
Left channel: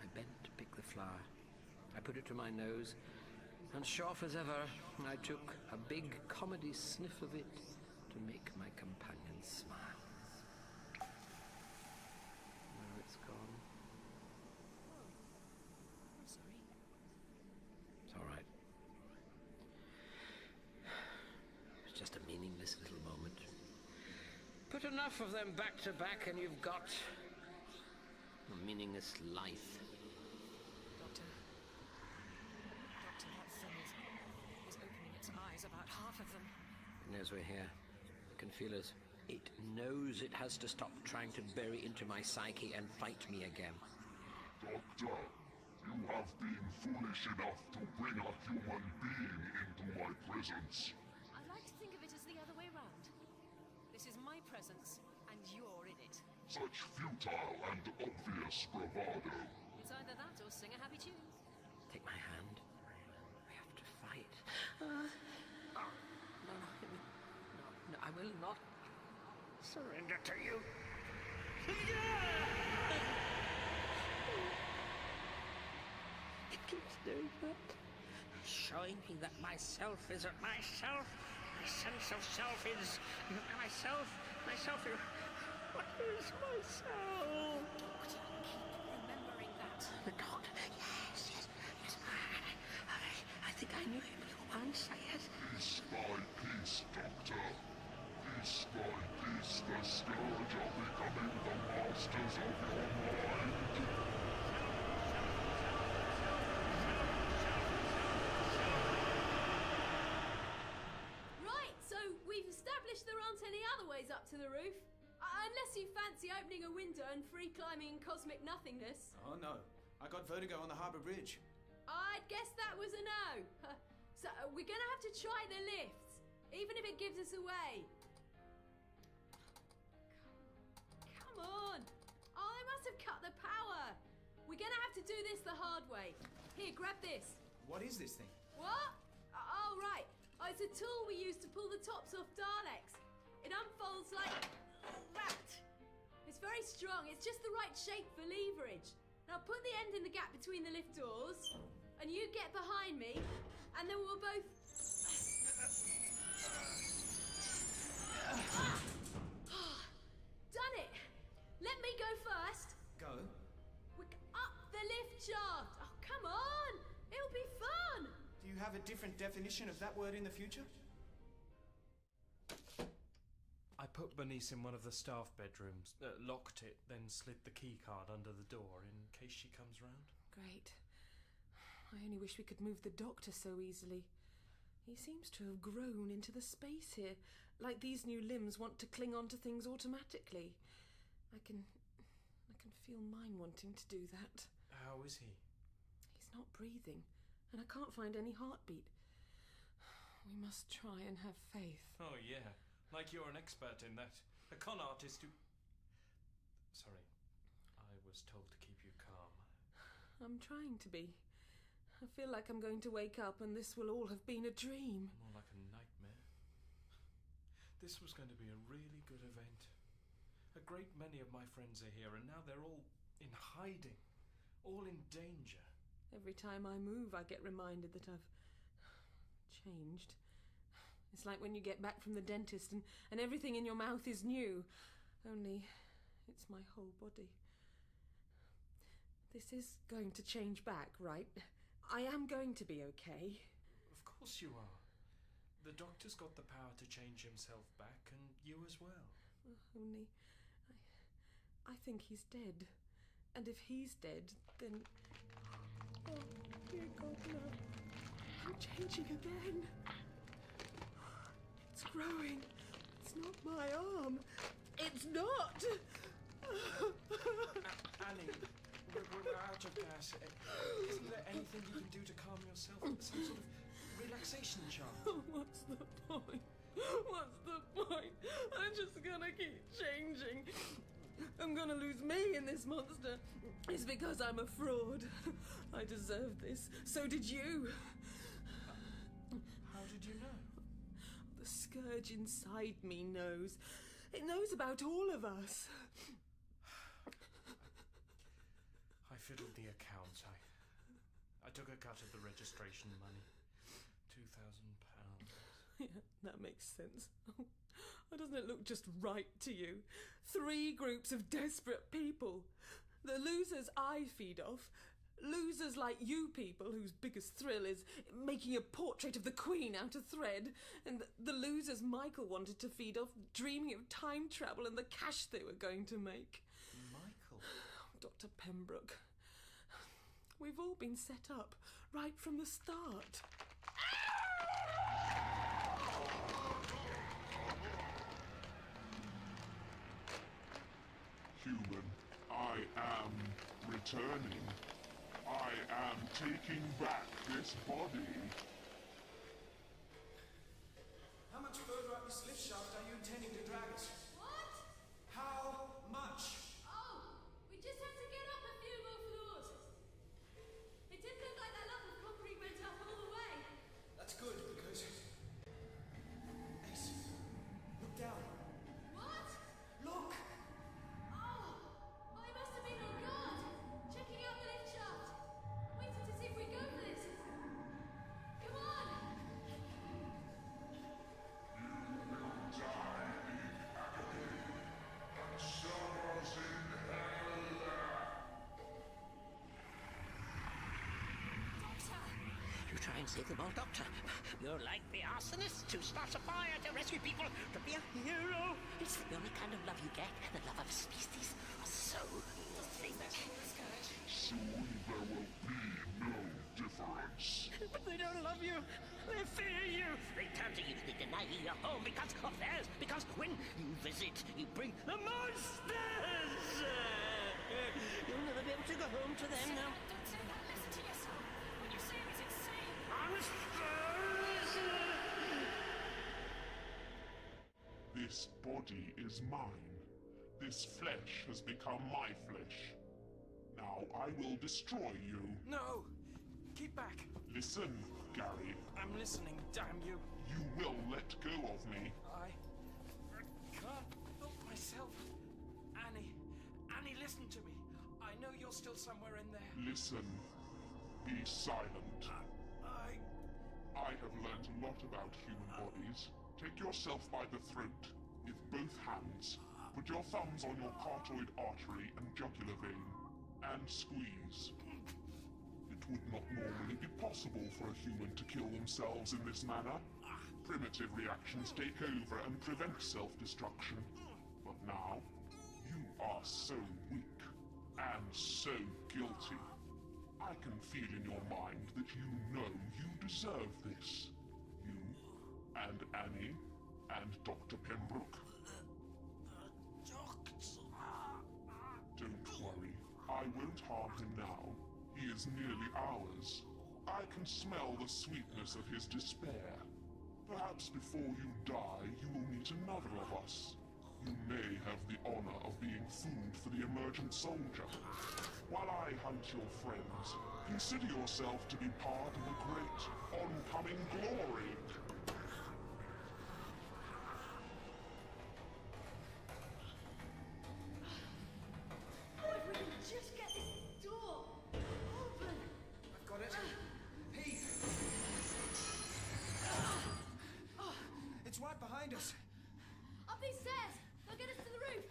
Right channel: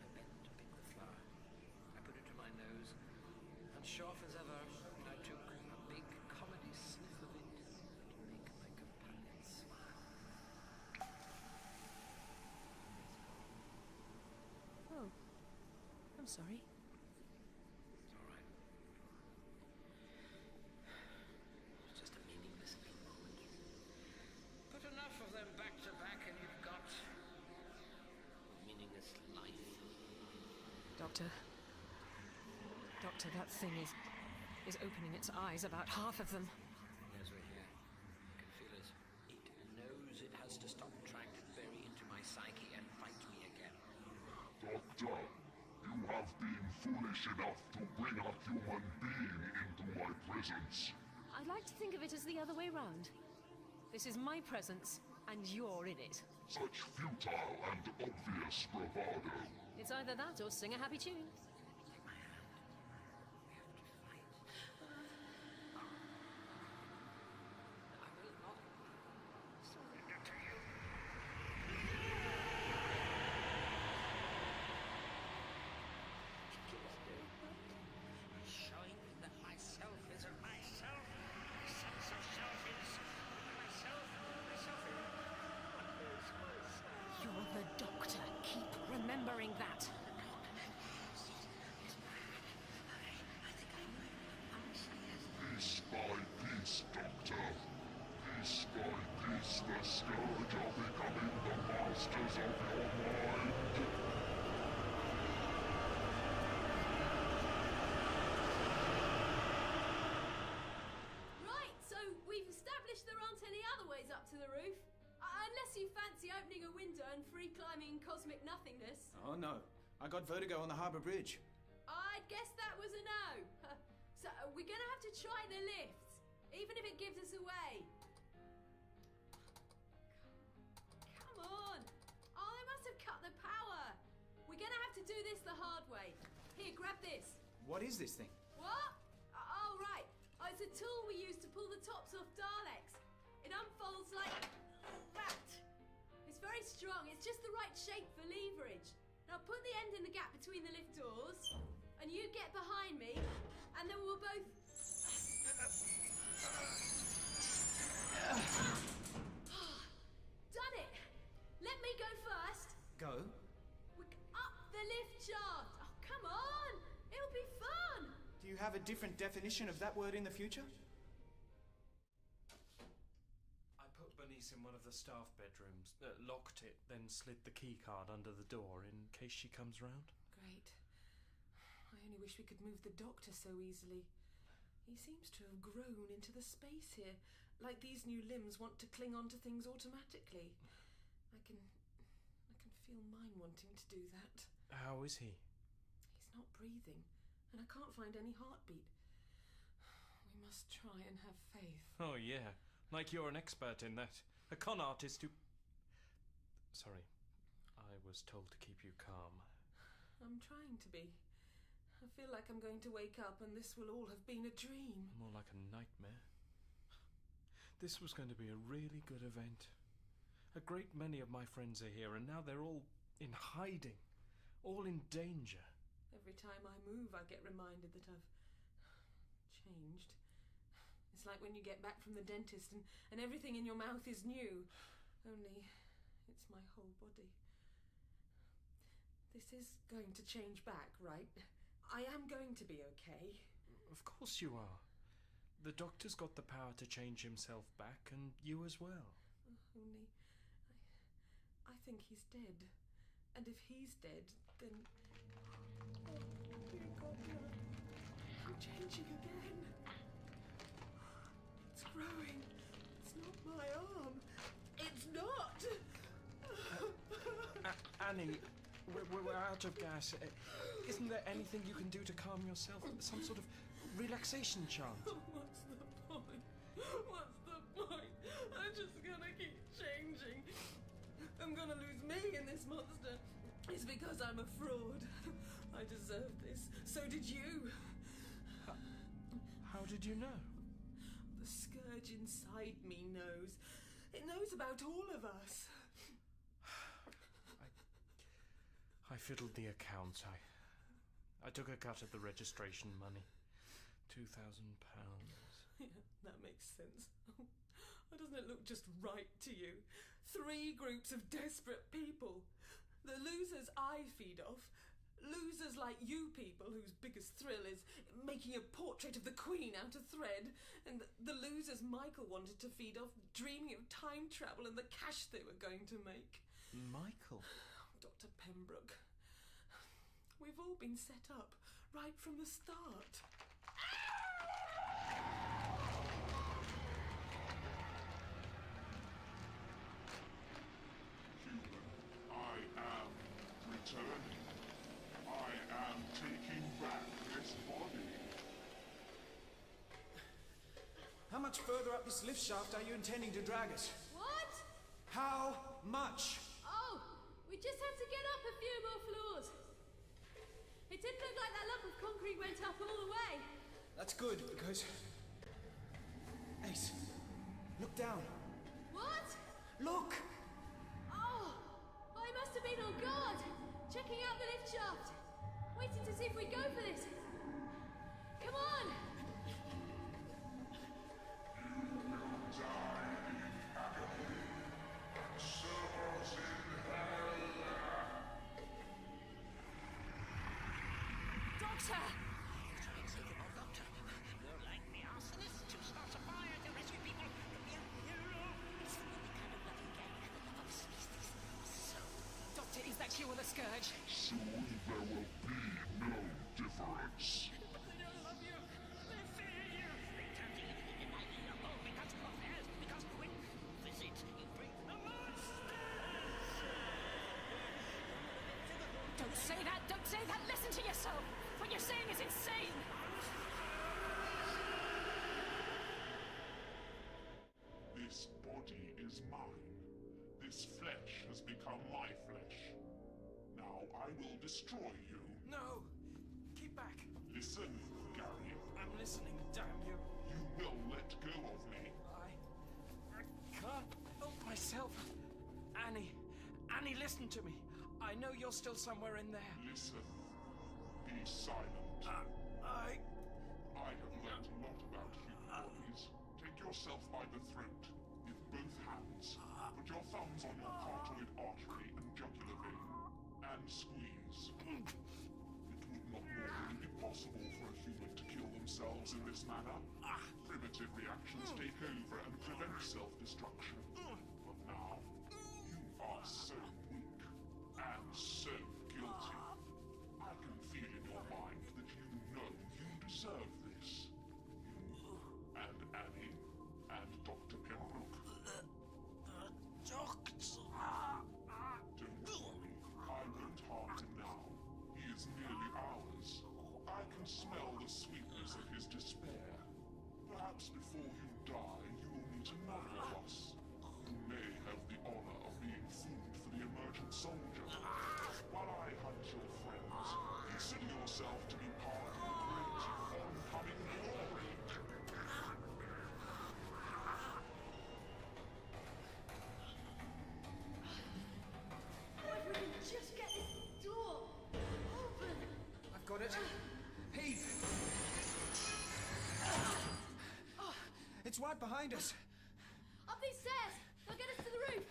I bent to pick the flower. I put it to my nose, and sharp as ever, I took a big comedy sniff of it to make my companion smile. Now it's gone. Oh, I'm sorry. It's all right. It's just a meaningless little moment. Put enough of them back to back and you've got a meaningless life. Doctor, that thing is opening its eyes, about half of them. It knows we're here. I can feel it. It knows it has to stop trying to bury into my psyche and fight me again. Doctor, you have been foolish enough to bring a human being into my presence. I'd like to think of it as the other way round. This is my presence, and you're in it. Such futile and obvious bravado. It's either that or sing a happy tune. Take my hand. We have to fight. No, I will not surrender to you. It keeps doing that. Showing me that myself isn't myself. My sense of self is myself. Myself is... What is myself? You're the doctor. Keep remembering that. The doctor? Yes. I think I knew him once, Piece by piece, Doctor. Piece by piece, the Scourge are becoming the masters of your mind. Right, so we've established there aren't any other ways up to the roof. Unless you fancy opening a window and free climbing in cosmic nothingness. Oh no, I got vertigo on the harbour bridge. I'd guess that was a no. So we're gonna have to try the lifts, even if it gives us away. Come on. Oh, they must have cut the power. We're gonna have to do this the hard way. Here, grab this. What is this thing? What? Oh, right. Oh, it's a tool we use to pull the tops off Daleks. It unfolds like that. It's very strong. It's just the right shape for leverage. Now put the end in the gap between the lift doors, and you get behind me, and then we'll both... Done it. Let me go first. Go? Up the lift shaft. Oh, come on. It'll be fun. Do you have a different definition of that word in the future? I put Bernice in one of the staff bedrooms, locked it, then slid the key card under the door in case she comes round. Great. I only wish we could move the doctor so easily. He seems to have grown into the space here, like these new limbs want to cling on to things automatically. I can feel mine wanting to do that. How is he? He's not breathing, and I can't find any heartbeat. We must try and have faith. Oh, yeah. Like you're an expert in that. A con artist who... Sorry. I was told to keep you calm. I'm trying to be. I feel like I'm going to wake up and this will all have been a dream. More like a nightmare. This was going to be a really good event. A great many of my friends are here, and now they're all in hiding. All in danger. Every time I move, I get reminded that I've changed. It's like when you get back from the dentist and everything in your mouth is new. Only it's my whole body. This is going to change back, right? I am going to be okay. Of course you are. The doctor's got the power to change himself back, and you as well. Only I think he's dead. And if he's dead, then... Oh, dear God, no. I'm changing again. It's growing. It's not my arm. It's not! Annie, We're out of gas. Isn't there anything you can do to calm yourself? Some sort of relaxation chant? What's the point? What's the point? I'm just gonna keep changing. I'm gonna lose me in this monster. It's because I'm a fraud. I deserve this. So did you. How did you know? The scourge inside me knows. It knows about all of us. I fiddled the accounts. I took a cut of the registration money. £2,000. Yeah, that makes sense. Why doesn't it look just right to you? 3 groups of desperate people. The losers I feed off. Losers like you people whose biggest thrill is making a portrait of the Queen out of thread. And the losers Michael wanted to feed off, dreaming of time travel and the cash they were going to make. Michael? Dr. Pembroke. We've all been set up right from the start. Human, I am returning. I am taking back this body. How much further up this lift shaft are you intending to drag us? What? How much? Oh, we just have to get up a few more floors. It didn't look like that lump of concrete went up all the way. That's good, because... Ace, look down. What? Look! Oh, I must have been on guard, checking out the lift shaft, waiting to see if we'd go for this. Come on! You will die in agony, and serve us in hell. Doctor! You try and save them all, Doctor. You're like the arsonist who starts a fire to rescue people, to be a hero. It's the only kind of love you get. The love of a species. So... Doctor, is that you or the scourge? Soon there will be no difference. But they don't love you. They fear you. They turn to you. They deny you your home because of theirs. Because when you visit, you bring the monsters. You'll never be able to go home to them. Don't say that! Listen to yourself! What you're saying is insane! Monsters! This body is mine. This flesh has become my flesh. Now I will destroy you. No! Keep back! Listen, Gary. I'm listening, damn you. You will let go of me. I can't help myself. Annie, listen to me. I know you're still somewhere in there. Listen. Be silent. I have learned a lot about human bodies. Take yourself by the throat with both hands. Put your thumbs on your carotid artery and jugular vein, and squeeze. It would not normally be possible for a human to kill themselves in this manner. Primitive reactions take over and prevent self-destruction. But now, you are so weak and so guilty. I can feel in your mind that you know you deserve this. You and Annie and Dr. Pembroke. Don't worry, I won't harm him now. He is nearly ours. I can smell the sweetness of his despair. Perhaps before you die, you will meet another of us. You may have the honor of being food for the emergent soldier. While I hunt your friends, consider yourself to be part of a great oncoming glory. Oh, if we can just get this door open! I've got it. Heave! It's right behind us. Up these stairs! They'll get us to the roof!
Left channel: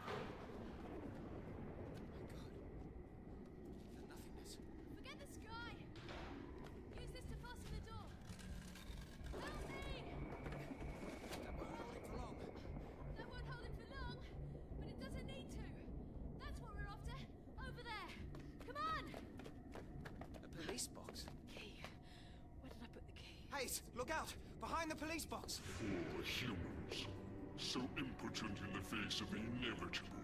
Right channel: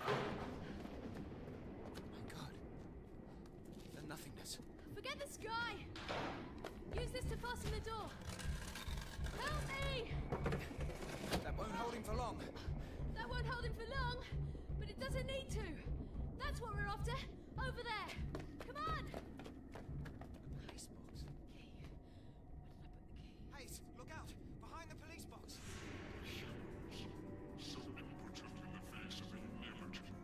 My God. The nothingness. Forget the sky! Use this to fasten the door! Help me! That won't hold him for long. That won't hold him for long, but it doesn't need to. That's what we're after. Over there. Come on! A police box. Key. Where did I put the key? Hayes, look out! Behind the police box! Poor humans. So impotent in the face of the inevitable.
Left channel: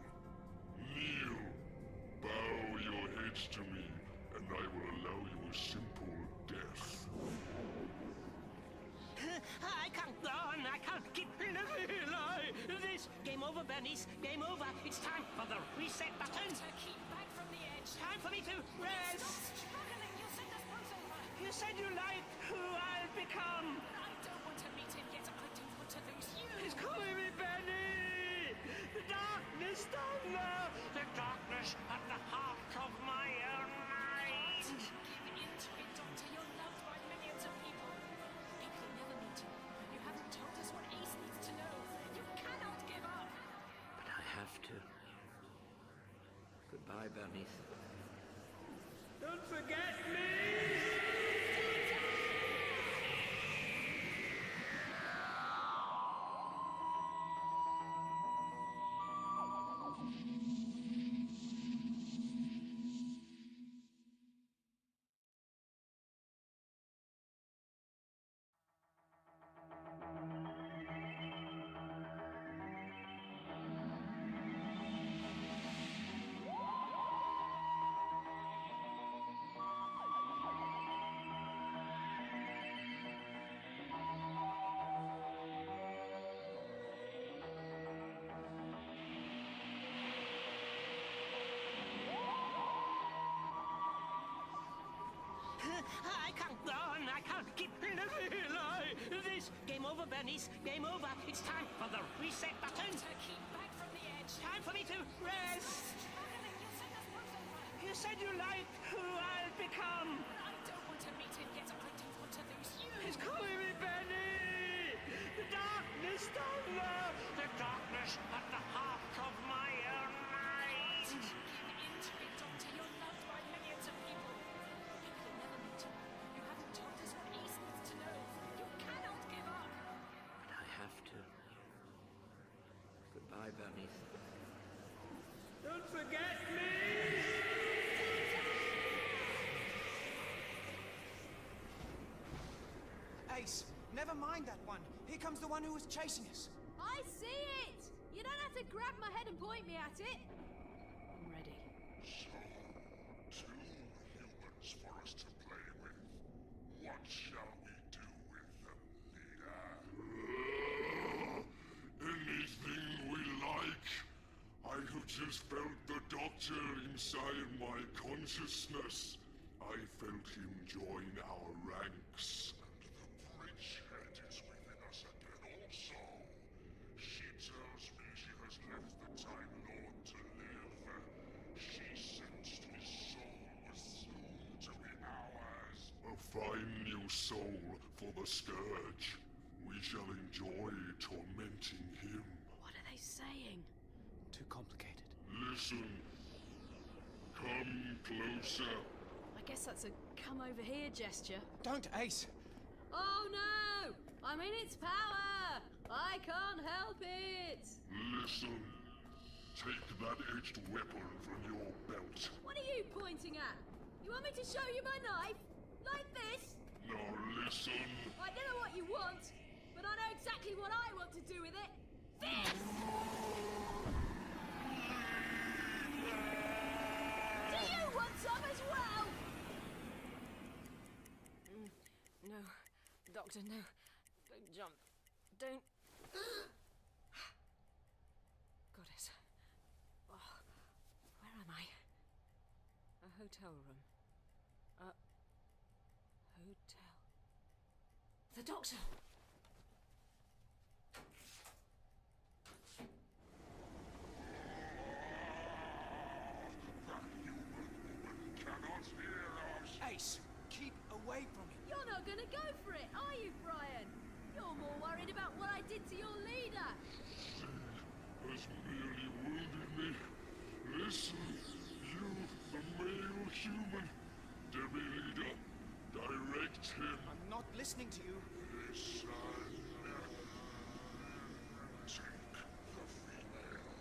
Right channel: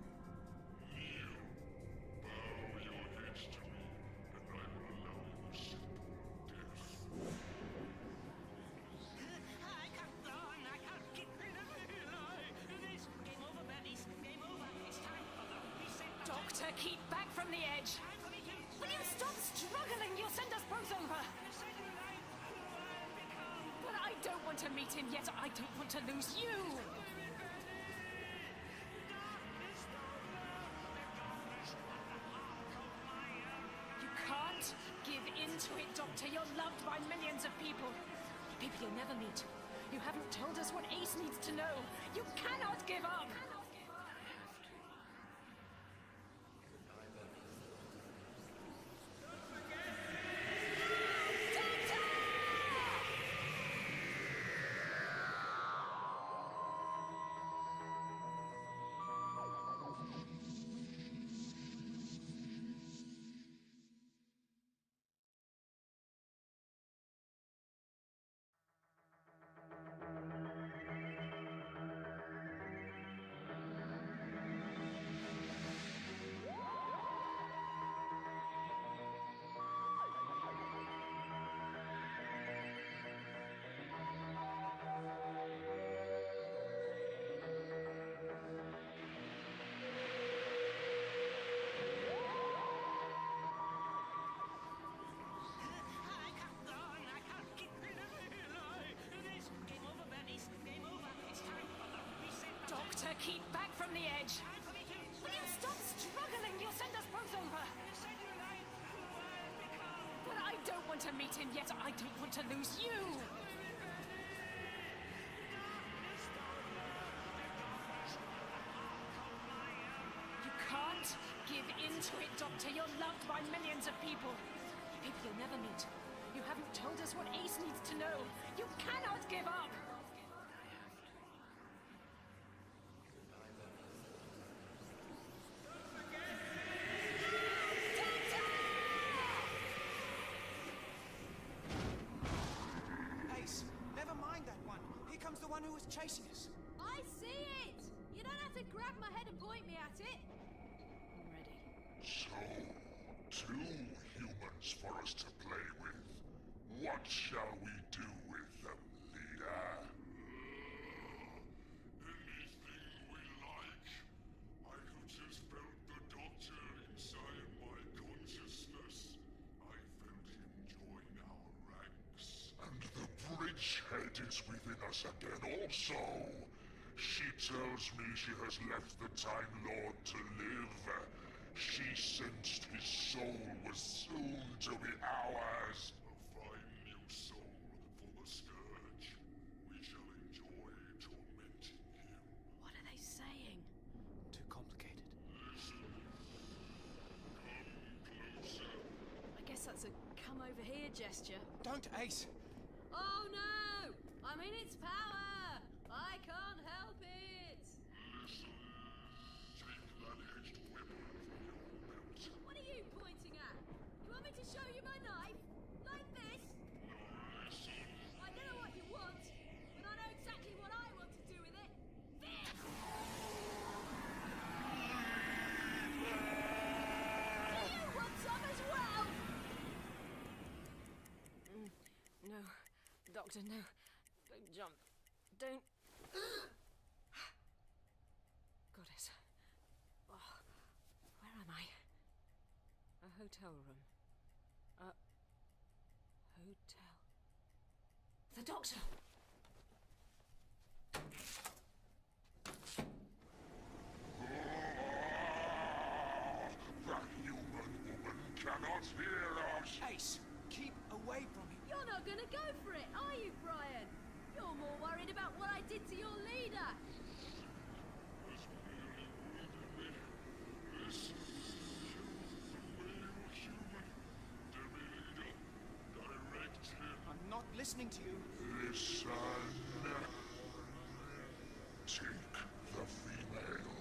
this to me, and I will allow you a simple death. I can't go on. I can't keep living like this. Game over, Bernice. Game over. It's time for the reset button. Doctor, keep back from the edge. Time for me to Will you rest. stop struggling? You'll send us both over. You said you liked who I'll become. But I don't want to meet him yet. I don't want to lose you. He's calling me Benny. The darkness down there. The darkness at the heart of my own You mind. can't give in to it, Doctor. You're loved by millions of people. People you'll never meet. You haven't told us what Ace needs to know. You cannot give up. But I have to. Goodbye, Bernice. Don't forget me! I can't go on. I can't keep living like this. Game over, Bernice. Game over. It's time for the reset button. Doctor, keep back from the edge. Time for me to Will you rest. stop struggling? You'll send us both over. You said you liked who I'll become. But I don't want to meet him yet. I don't want to lose you. He's calling me Benny. The darkness down there. The darkness at the heart of my own You mind. can't give in to it, Doctor. You're loved by millions of people. People you'll never meet. You haven't told us what Ace needs to know. You cannot give up. But I have to. Goodbye, Bernice. Don't forget me! Ace, never mind that one. Here comes the one who was chasing us. I see it! You don't have to grab my head and point me at it. I'm ready. So, 2 humans for us to play with. What shall we do with them, leader? Anything we like. I have just felt the Doctor inside my consciousness. I felt him join our ranks, and the bridgehead is within us again also. She tells me she has left the Time Lord to live. She sensed his soul was soon to be ours. A fine new soul for the Scourge. We shall enjoy tormenting him. What are they saying? Too complicated. Listen. Come closer. I guess that's a come over here gesture. Don't, Ace! Oh no! I'm in its power! I can't help it! Listen. Take that edged weapon from your belt. What are you pointing at? You want me to show you my knife? Like this? Now listen. I don't know what you want, but I know exactly what I want to do with it. This! Do you want some as well? No, Doctor, no. Don't jump. Don't. Goddess. Oh, where am I? A hotel room. A hotel. The Doctor! The human woman cannot hear us. Ace, keep away from him. You're not gonna go for it, are you, Brian? You're more worried about what I did to your leader. She has merely wounded me. Listen, you, the male human. Demi leader, direct him. I'm not listening to you. Listen. Take the female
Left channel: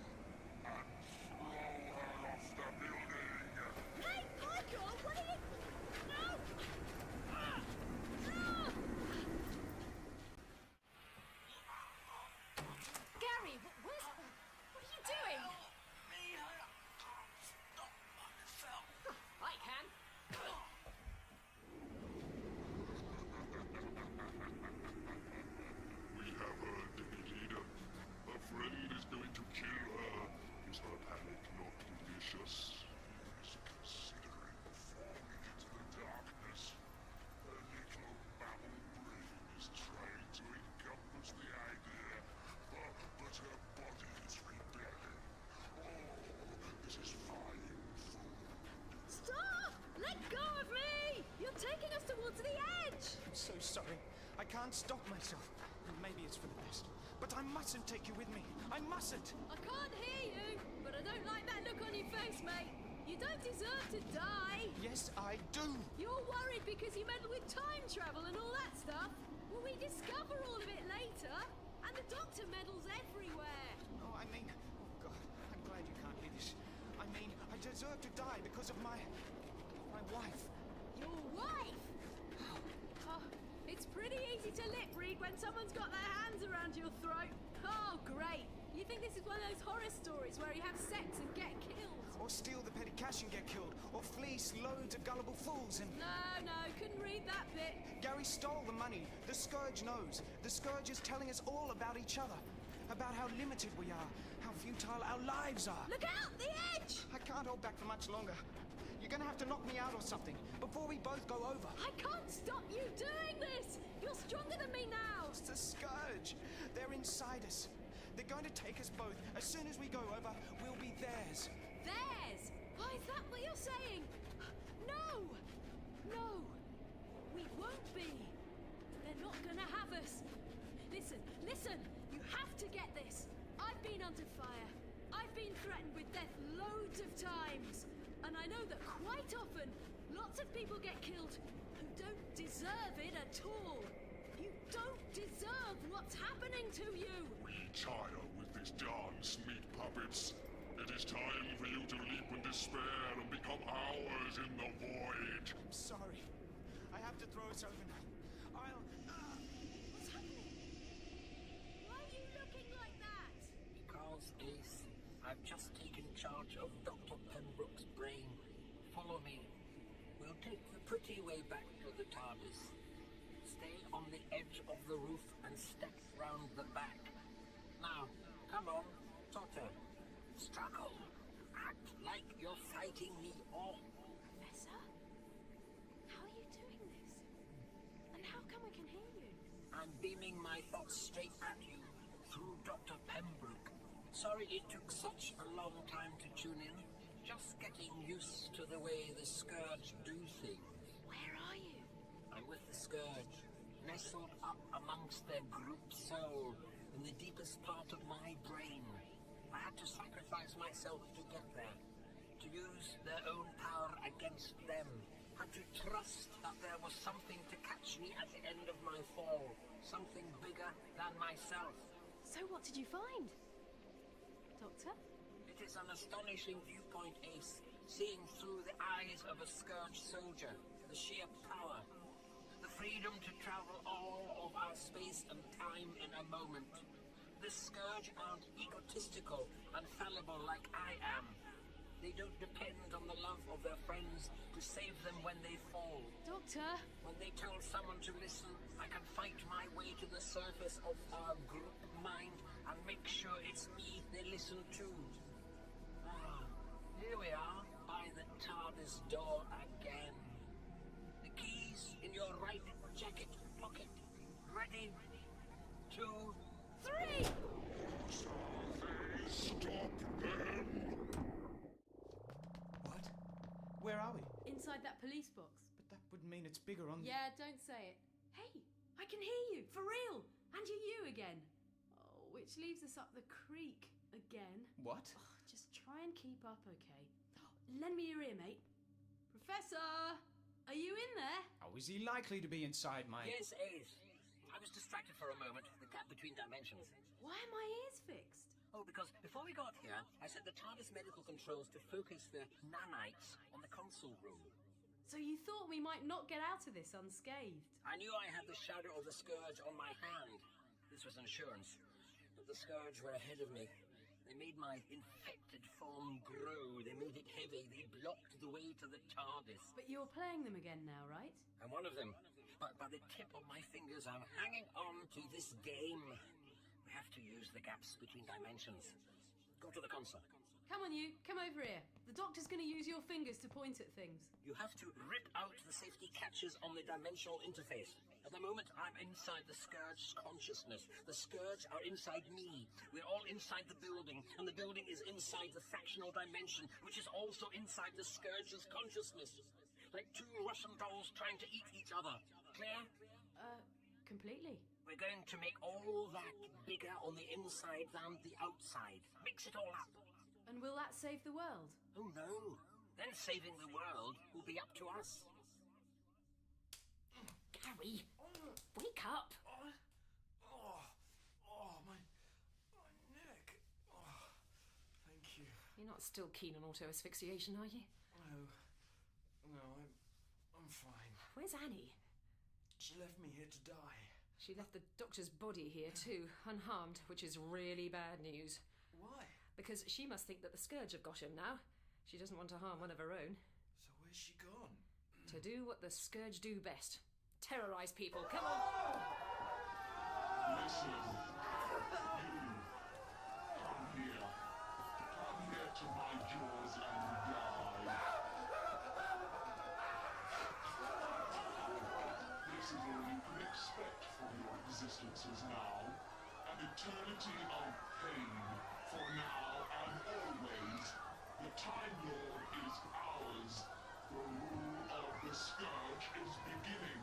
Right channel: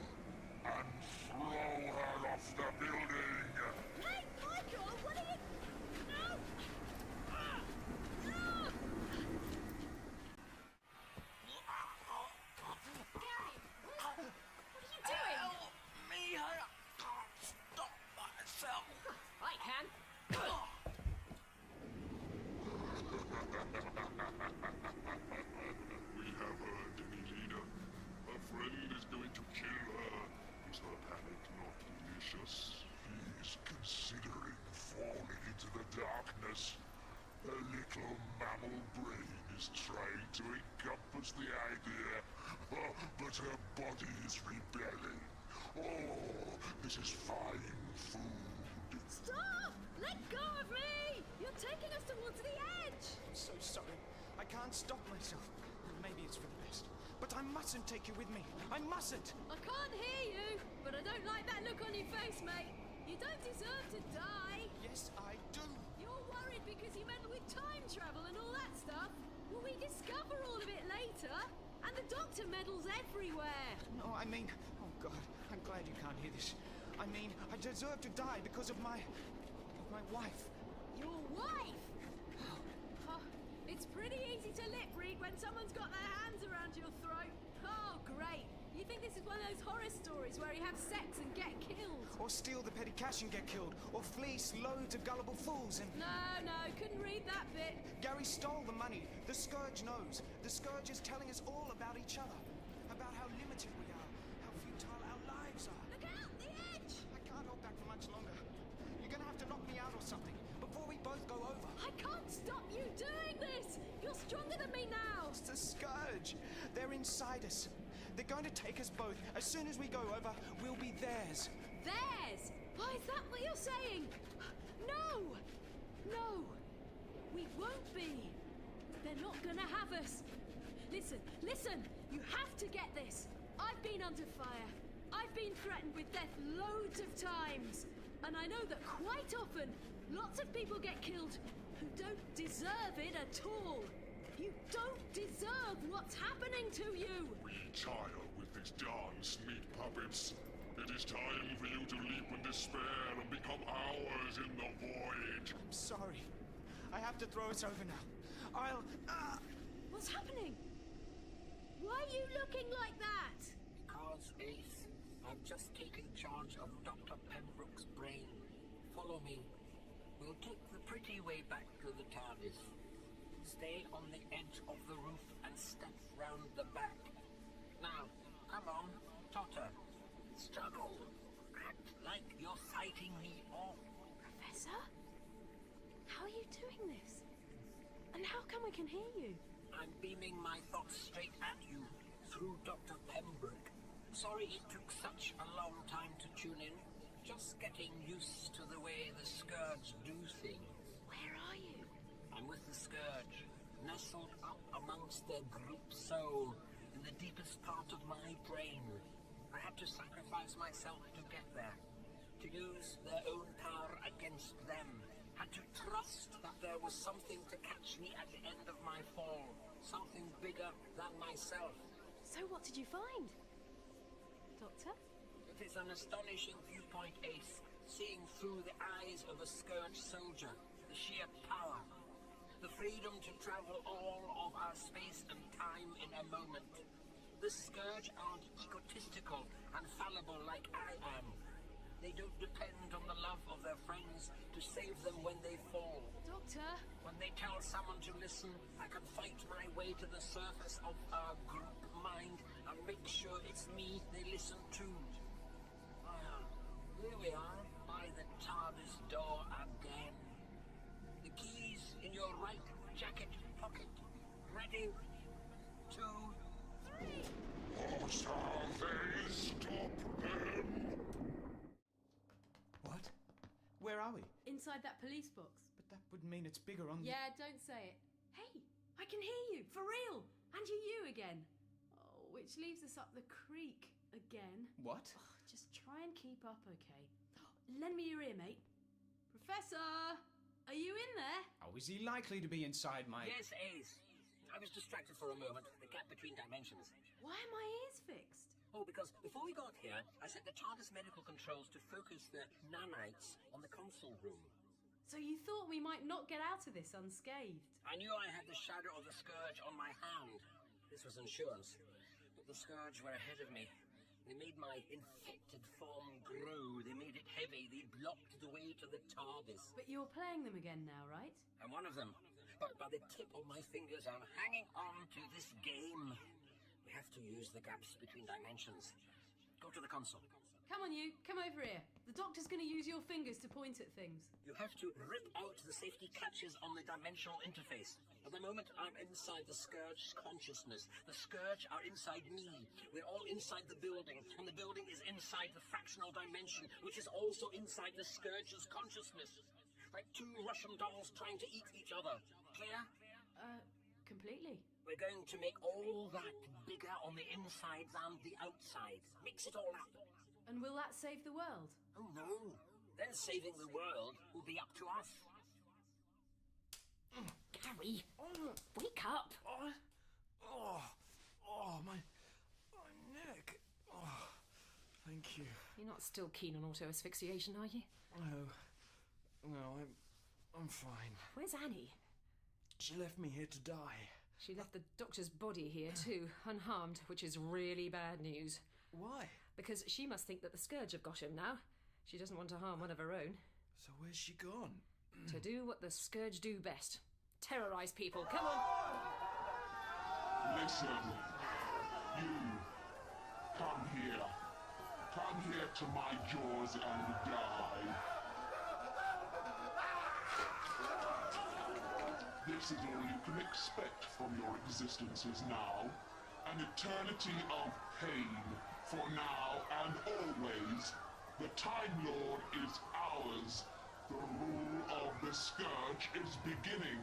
and throw her off the building. Hey, Michael, what are you... No! Ah! Ah! Gary, what are you doing? Help me, I can't stop myself. I suspicious. He's considering falling into the darkness. A little mammal brain is trying to encompass the idea, but her body is rebelling. Oh, this is fine food. Stop! Let go of me! You're taking us towards the edge! I'm so sorry. I can't stop myself. Maybe it's for the best. But I mustn't take you with me. I mustn't! I can't hear you, but I don't like that look on your face, mate. You don't deserve to die. Yes, I do. You're worried because you meddle with time travel and all that stuff. Well, we discover all of it later, and the Doctor meddles everywhere. No, I mean... Oh, God, I'm glad you can't hear this. I mean, I deserve to die because of my wife. Your wife? Oh, it's pretty easy to lip read when someone's got their hands around your throat. Oh, great. You think this is one of those horror stories where you have sex and get killed? Or steal the petty cash and get killed. Or fleece loads of gullible fools and... No, couldn't read that bit. Gary stole the money. The Scourge knows. The Scourge is telling us all about each other. About how limited we are. How futile our lives are. Look out! The edge! I can't hold back for much longer. You're gonna have to knock me out or something before we both go over. I can't stop you doing this! You're stronger than me now! It's the Scourge. They're inside us. They're going to take us both. As soon as we go over, we'll be theirs. Theirs? Why, is that what you're saying? No! No! We won't be. They're not gonna have us. Listen! You have to get this. I've been under fire. I've been threatened with death loads of times. And I know that quite often, lots of people get killed who don't deserve it at all. You don't deserve what's happening to you! We tire with these darn sneak puppets. It is time for you to leap in despair and become ours in the void. I'm sorry. I have to throw us over now. What's happening? Why are you looking like that? Because, Ace, I've just taken charge of Dr. Pembroke's brain. Follow me. We'll take the pretty way back to the TARDIS. Stay on the edge of the roof and step round the back. Now, come on, totter. Struggle. Act like you're fighting me off. Professor? How are you doing this? And how come we can hear you? I'm beaming my thoughts straight at you through Dr. Pembroke. Sorry it took such a long time to tune in. Just getting used to the way the Scourge do things. Where are you? I'm with the Scourge, nestled up amongst their group soul in the deepest part of my brain. I had to sacrifice myself to get there, to use their own power against them. Had to trust that there was something to catch me at the end of my fall, something bigger than myself. So what did you find? Doctor? It is an astonishing viewpoint, Ace, seeing through the eyes of a Scourge soldier, the sheer power. The freedom to travel all of our space and time in a moment. The Scourge aren't egotistical and fallible like I am. They don't depend on the love of their friends to save them when they fall. Doctor? When they tell someone to listen, I can fight my way to the surface of our group mind and make sure it's me they listen to. Here we are, by the TARDIS door again. The keys in your right jacket pocket. Ready? 2, 3! Shall they stop them? What? Where are we? Inside that police box. But that would mean it's bigger on Yeah, don't say it. Hey, I can hear you, for real! And you again. Oh, which leaves us up the creek again. What? Oh, just try and keep up, okay? Lend me your ear, mate. Professor! Are you in there? Oh, is he likely to be inside my... Yes, Ace. I was distracted for a moment, the gap between dimensions. Why are my ears fixed? Oh, because before we got here, I set the TARDIS medical controls to focus the nanites on the console room. So you thought we might not get out of this unscathed? I knew I had the shadow of the Scourge on my hand. This was insurance. But the Scourge were ahead of me. They made my infected form grow. They made it heavy. They blocked the way to the TARDIS. But you're playing them again now, right? I'm one of them. But by the tip of my fingers, I'm hanging on to this game. We have to use the gaps between dimensions. Go to the console. Come on, you. Come over here. The doctor's going to use your fingers to point at things. You have to rip out the safety catches on the dimensional interface. At the moment, I'm inside the Scourge's consciousness. The Scourge are inside me. We're all inside the building, and the building is inside the fractional dimension, which is also inside the Scourge's consciousness. Like two Russian dolls trying to eat each other. Clear? Completely. We're going to make all that bigger on the inside than the outside. Mix it all up. And will that save the world? Oh, no. Then saving the world will be up to us. Gary, wake up. My neck. Oh, thank you. You're not still keen on auto-asphyxiation, are you? No, I'm fine. Where's Annie? She left me here to die. She left the doctor's body here too, unharmed, which is really bad news. Why? Because she must think that the Scourge have got him now. She doesn't want to harm one of her own. So where's she gone? To do what the Scourge do best. Terrorize people. Come on! Listen. You. Come here. Come here to my jaws and die. This is all you can expect from your existences now. An eternity of pain. For now and always. The Time Lord is ours. The rule of the Scourge is beginning.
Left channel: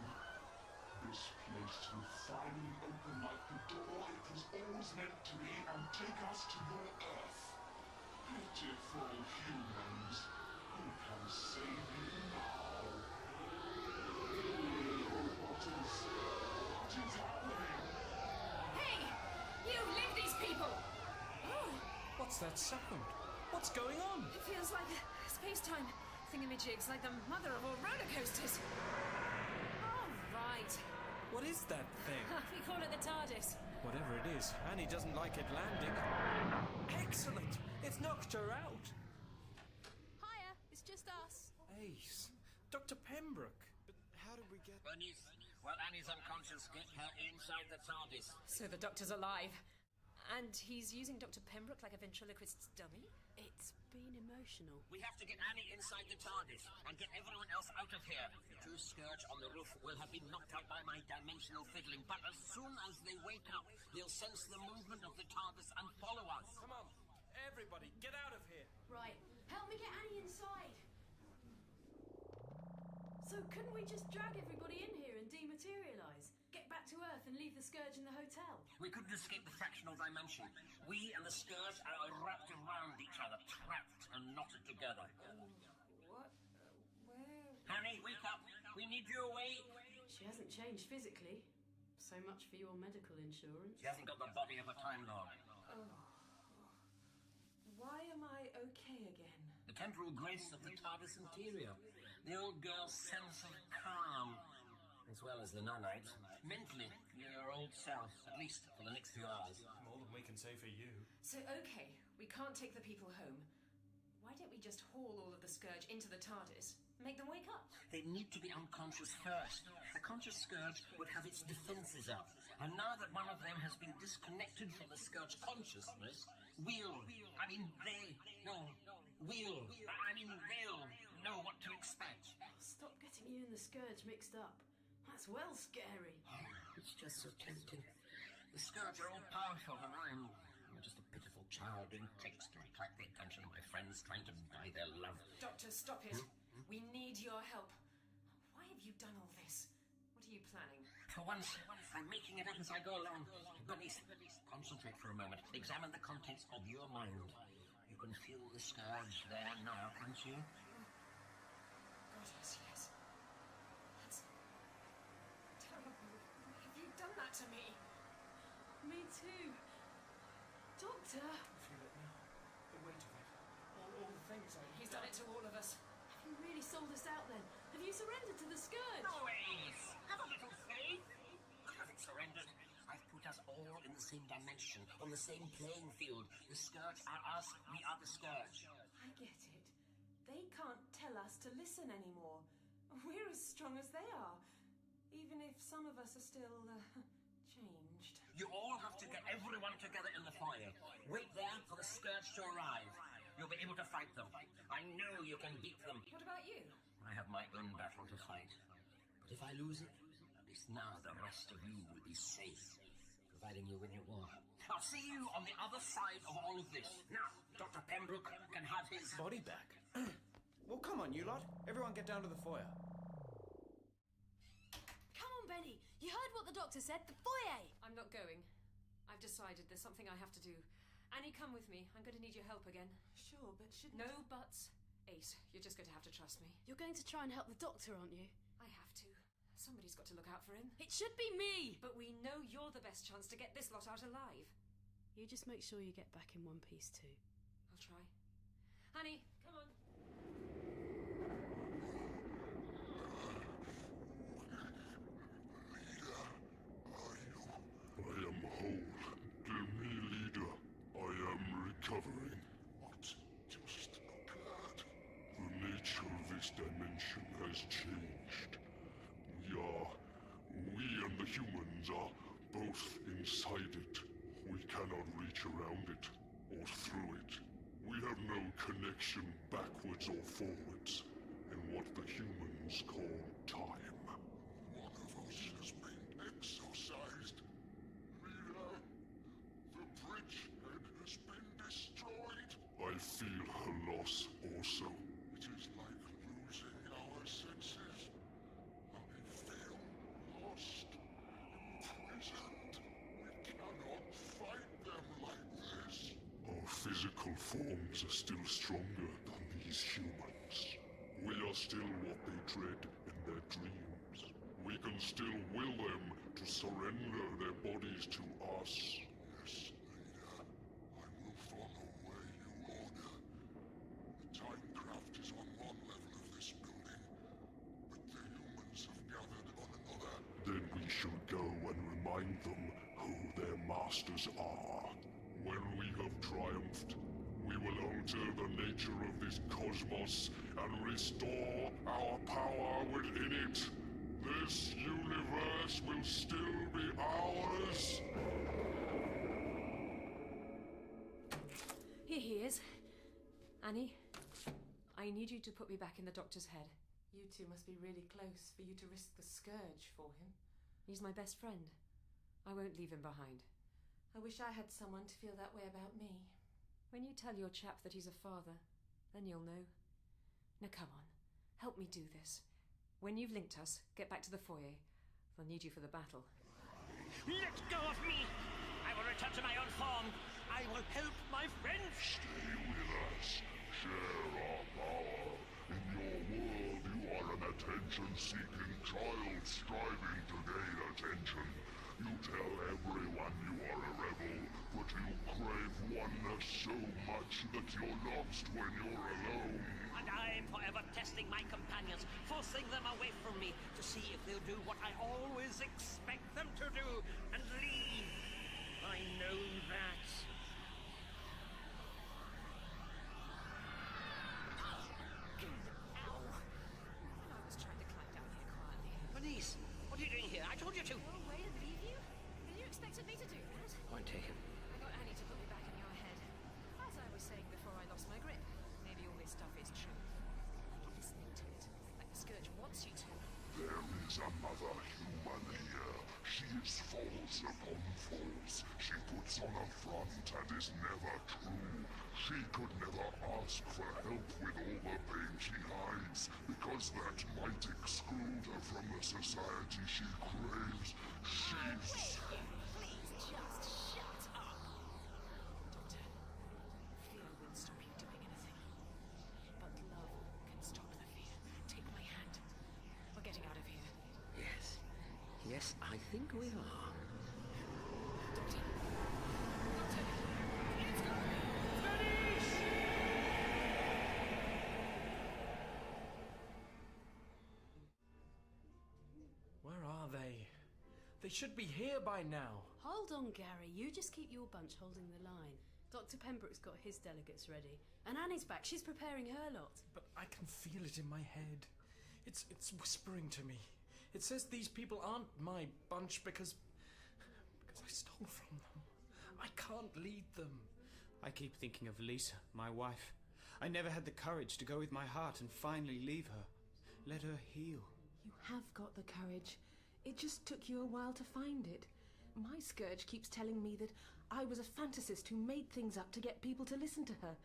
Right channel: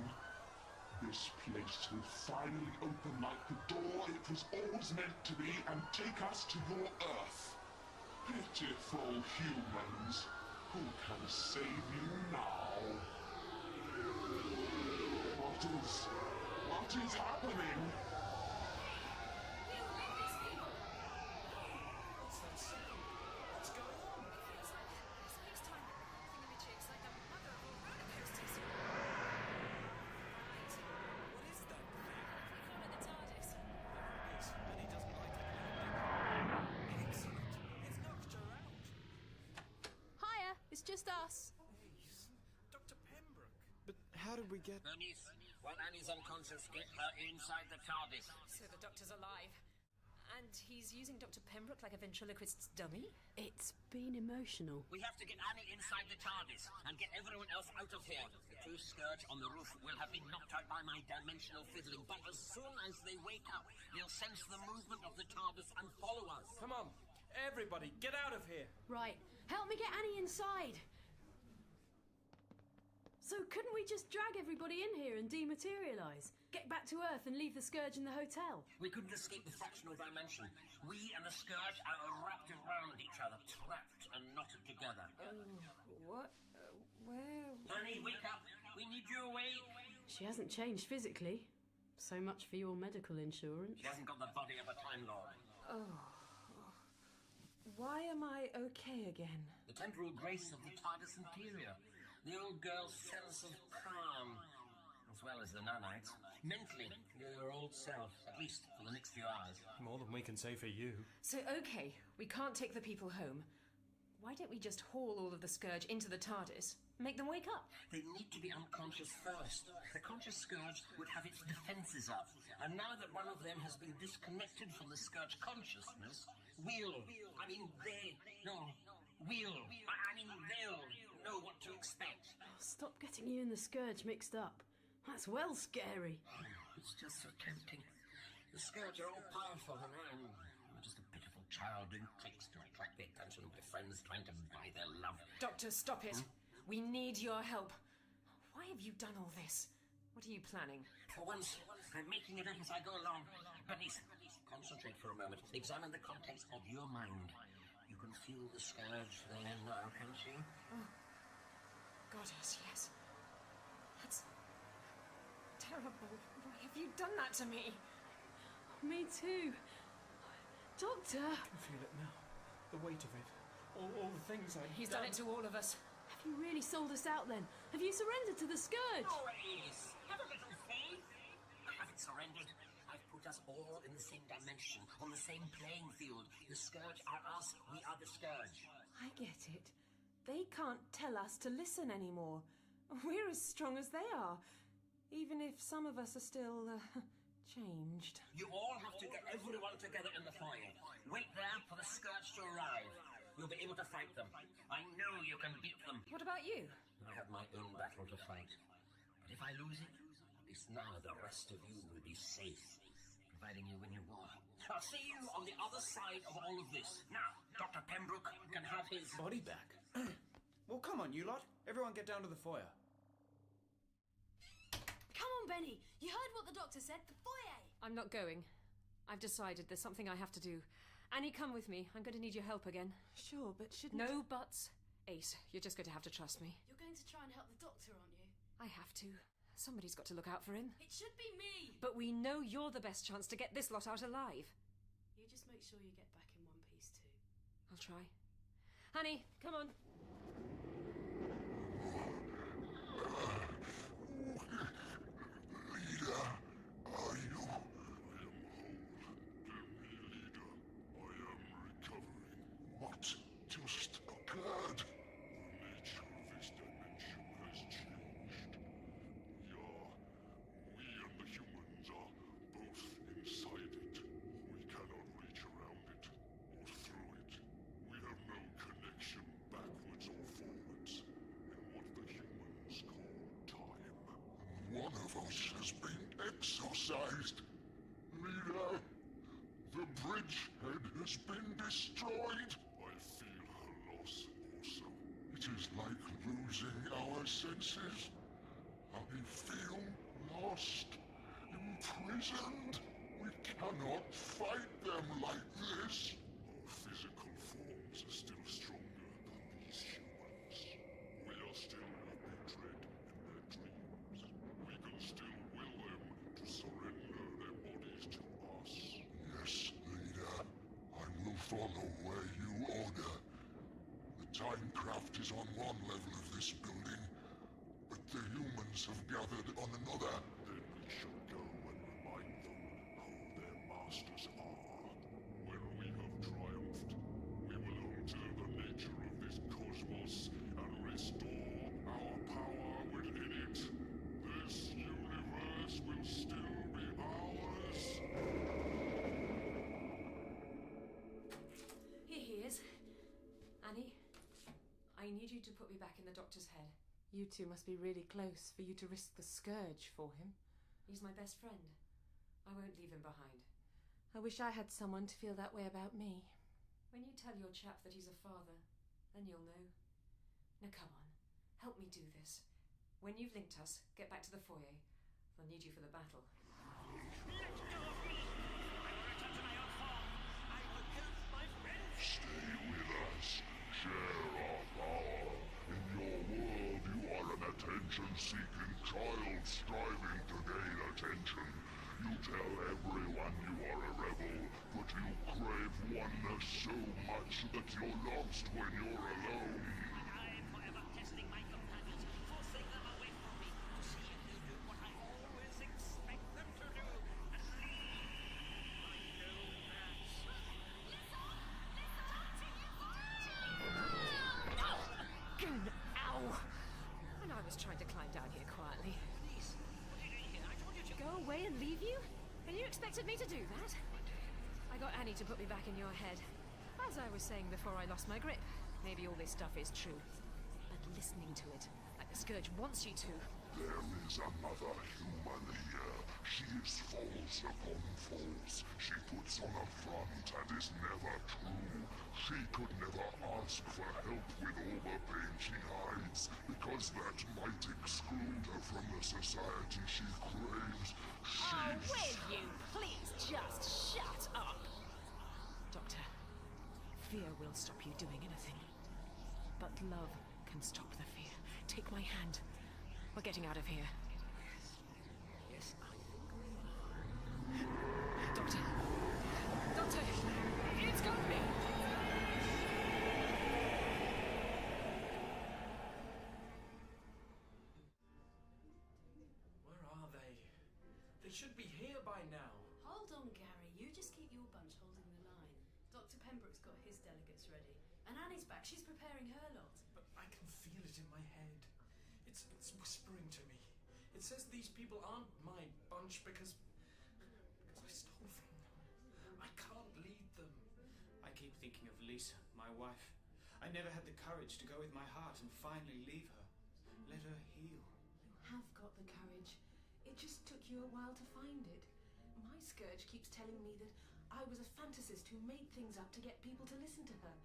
This place will finally open like the door it was always meant to be and take us to your Earth. Pitiful humans. Who can save you now? What is happening? Hey! You leave these people! What's that sound? What's going on? It feels like space-time thingamajigs, like the mother of all roller coasters. All right. What is that thing? We call it the TARDIS. Whatever it is, Annie doesn't like it landing. Excellent! It's knocked her out. Hiya, it's just us. Ace. Dr. Pembroke. But how did we get... Bernice, while Annie's unconscious, get her inside the TARDIS. So the doctor's alive. And he's using Dr. Pembroke like a ventriloquist's dummy? It's been emotional. We have to get Annie inside the TARDIS and get everyone else out of here. The two Scourge on the roof will have been knocked out by my dimensional fiddling, but as soon as they wake up, they'll sense the movement of the TARDIS and follow us. Come on, everybody, get out of here. Right, help me get Annie inside. So couldn't we just drag everybody in here and dematerialise? Get back to Earth and leave the Scourge in the hotel? We couldn't escape the fractional dimension. We and the Scourge are wrapped around each other, trapped and knotted together. What? Where? Annie, wake up! We need you awake! She hasn't changed physically. So much for your medical insurance. She hasn't got the body of a Time Lord. Why am I okay again? The temporal grace of the TARDIS interior. The old girl's sense of calm, as well as the nanites. Mentally, you're your old self, at least for the next few hours. More than we can say for you. So, okay, we can't take the people home. Why don't we just haul all of the Scourge into the TARDIS? Make them wake up? They need to be unconscious first. The conscious Scourge would have its defenses up. And now that one of them has been disconnected from the Scourge consciousness, they'll know what to expect. Stop getting you and the Scourge mixed up. That's well scary. It's just so tempting. The Scourge are all powerful, and I'm just a pitiful child doing tricks to attract the attention of my friends, trying to buy their love. Doctor, stop it. We need your help. Why have you done all this? What are you planning? For once, I'm making it up as I go along. Bernice, concentrate for a moment. Examine the contents of your mind. You can feel the Scourge there now, can't you? Oh. Goddess, yes. That's terrible. Why have you done that to me? Me too. Doctor! I can feel it now. The weight of it. All the things He's done it to all of us. Have you really sold us out then? Have you surrendered to the Scourge? No, Ace! Have a little faith! I haven't surrendered. I've put us all in the same dimension, on the same playing field. The Scourge are us, we are the Scourge. I get it. They can't tell us to listen anymore. We're as strong as they are, even if some of us are still, changed. You all have to get everyone together in the foyer. Wait there for the Scourge to arrive. You'll be able to fight them. I know you can beat them. What about you? I have my own battle to fight. But if I lose it, at least now the rest of you will be safe, providing you win your war. I'll see you on the other side of all of this. Now, Dr. Pembroke can have his... Body back? Well, come on, you lot. Everyone get down to the foyer. Come on, Benny. You heard what the doctor said. The foyer. I'm not going. I've decided there's something I have to do. Annie, come with me. I'm going to need your help again. Sure, but shouldn't... No buts. Ace, you're just going to have to trust me. You're going to try and help the doctor, aren't you? I have to. Somebody's got to look out for him. It should be me! But we know you're the best chance to get this lot out alive. You just make sure you get back in one piece too. I'll try. Annie, come on. Leader, are you? I am whole. Tell me, leader. I am recovering. What just occurred? The nature of this dimension has changed. We and the humans are both inside it. We cannot reach around it, or through it. We have no connection backwards or forwards in what the humans call time. One of us has been exorcised. Leader, the bridgehead has been destroyed. I feel her loss also. It is like losing our senses. I feel lost, imprisoned. We cannot fight them like this. Our physical forms are still stronger than these humans. We are still what they dread in their dreams. We can still will them to surrender their bodies to us. Yes, leader. I will follow where you order. The Timecraft is on one level of this building, but the humans have gathered on another. Then we shall go and remind them who their masters are. When we have triumphed, we will alter the nature of this cosmos and restore our power within it. This universe will still be ours. Here he is. Annie, I need you to put me back in the doctor's head. You two must be really close for you to risk the scourge for him. He's my best friend. I won't leave him behind. I wish I had someone to feel that way about me. When you tell your chap that he's a father, then you'll know. Now come on, help me do this. When you've linked us, get back to the foyer. They'll need you for the battle. Let go of me! I will return to my own form. I will help my friends. Stay with us. Share our power. In your world, you are an attention-seeking child striving to gain attention. You tell everyone you are a rebel, but you crave oneness so much that you're lost when you're alone. And I'm forever testing my companions, forcing them away from me to see if they'll do what I always expect them to do, and leave. I know that. Ow! And I was trying to climb down here quietly. Bernice, what are you doing here? I told you to... Go away and leave you? And you expected me to do that? Point taken. I got Annie to put me back in your head. As I was saying before I lost my grip, maybe all this stuff is true. And listening to it, like the Scourge wants you to. There is another human here. She is false upon false. She puts on a front and is never true. She could never ask for help with all the pain she hides, because that might exclude her from the society she craves. Oh, will you please just shut up? Doctor, fear will stop you doing anything. But love can stop the fear. Take my hand. We're getting out of here. Yes. Yes, I think we are. Doctor! Doctor! It's got me! Where are they? They should be here by now. Hold on, Gary. You just keep your bunch holding the line. Dr. Pembroke's got his delegates ready. And Annie's back. She's preparing her lot. But I can feel it in my head. It's whispering to me. It says these people aren't my bunch because I stole from them. I can't lead them. I keep thinking of Lisa, my wife. I never had the courage to go with my heart and finally leave her. Let her heal. You have got the courage. It just took you a while to find it. My scourge keeps telling me that I was a fantasist who made things up to get people to listen to her.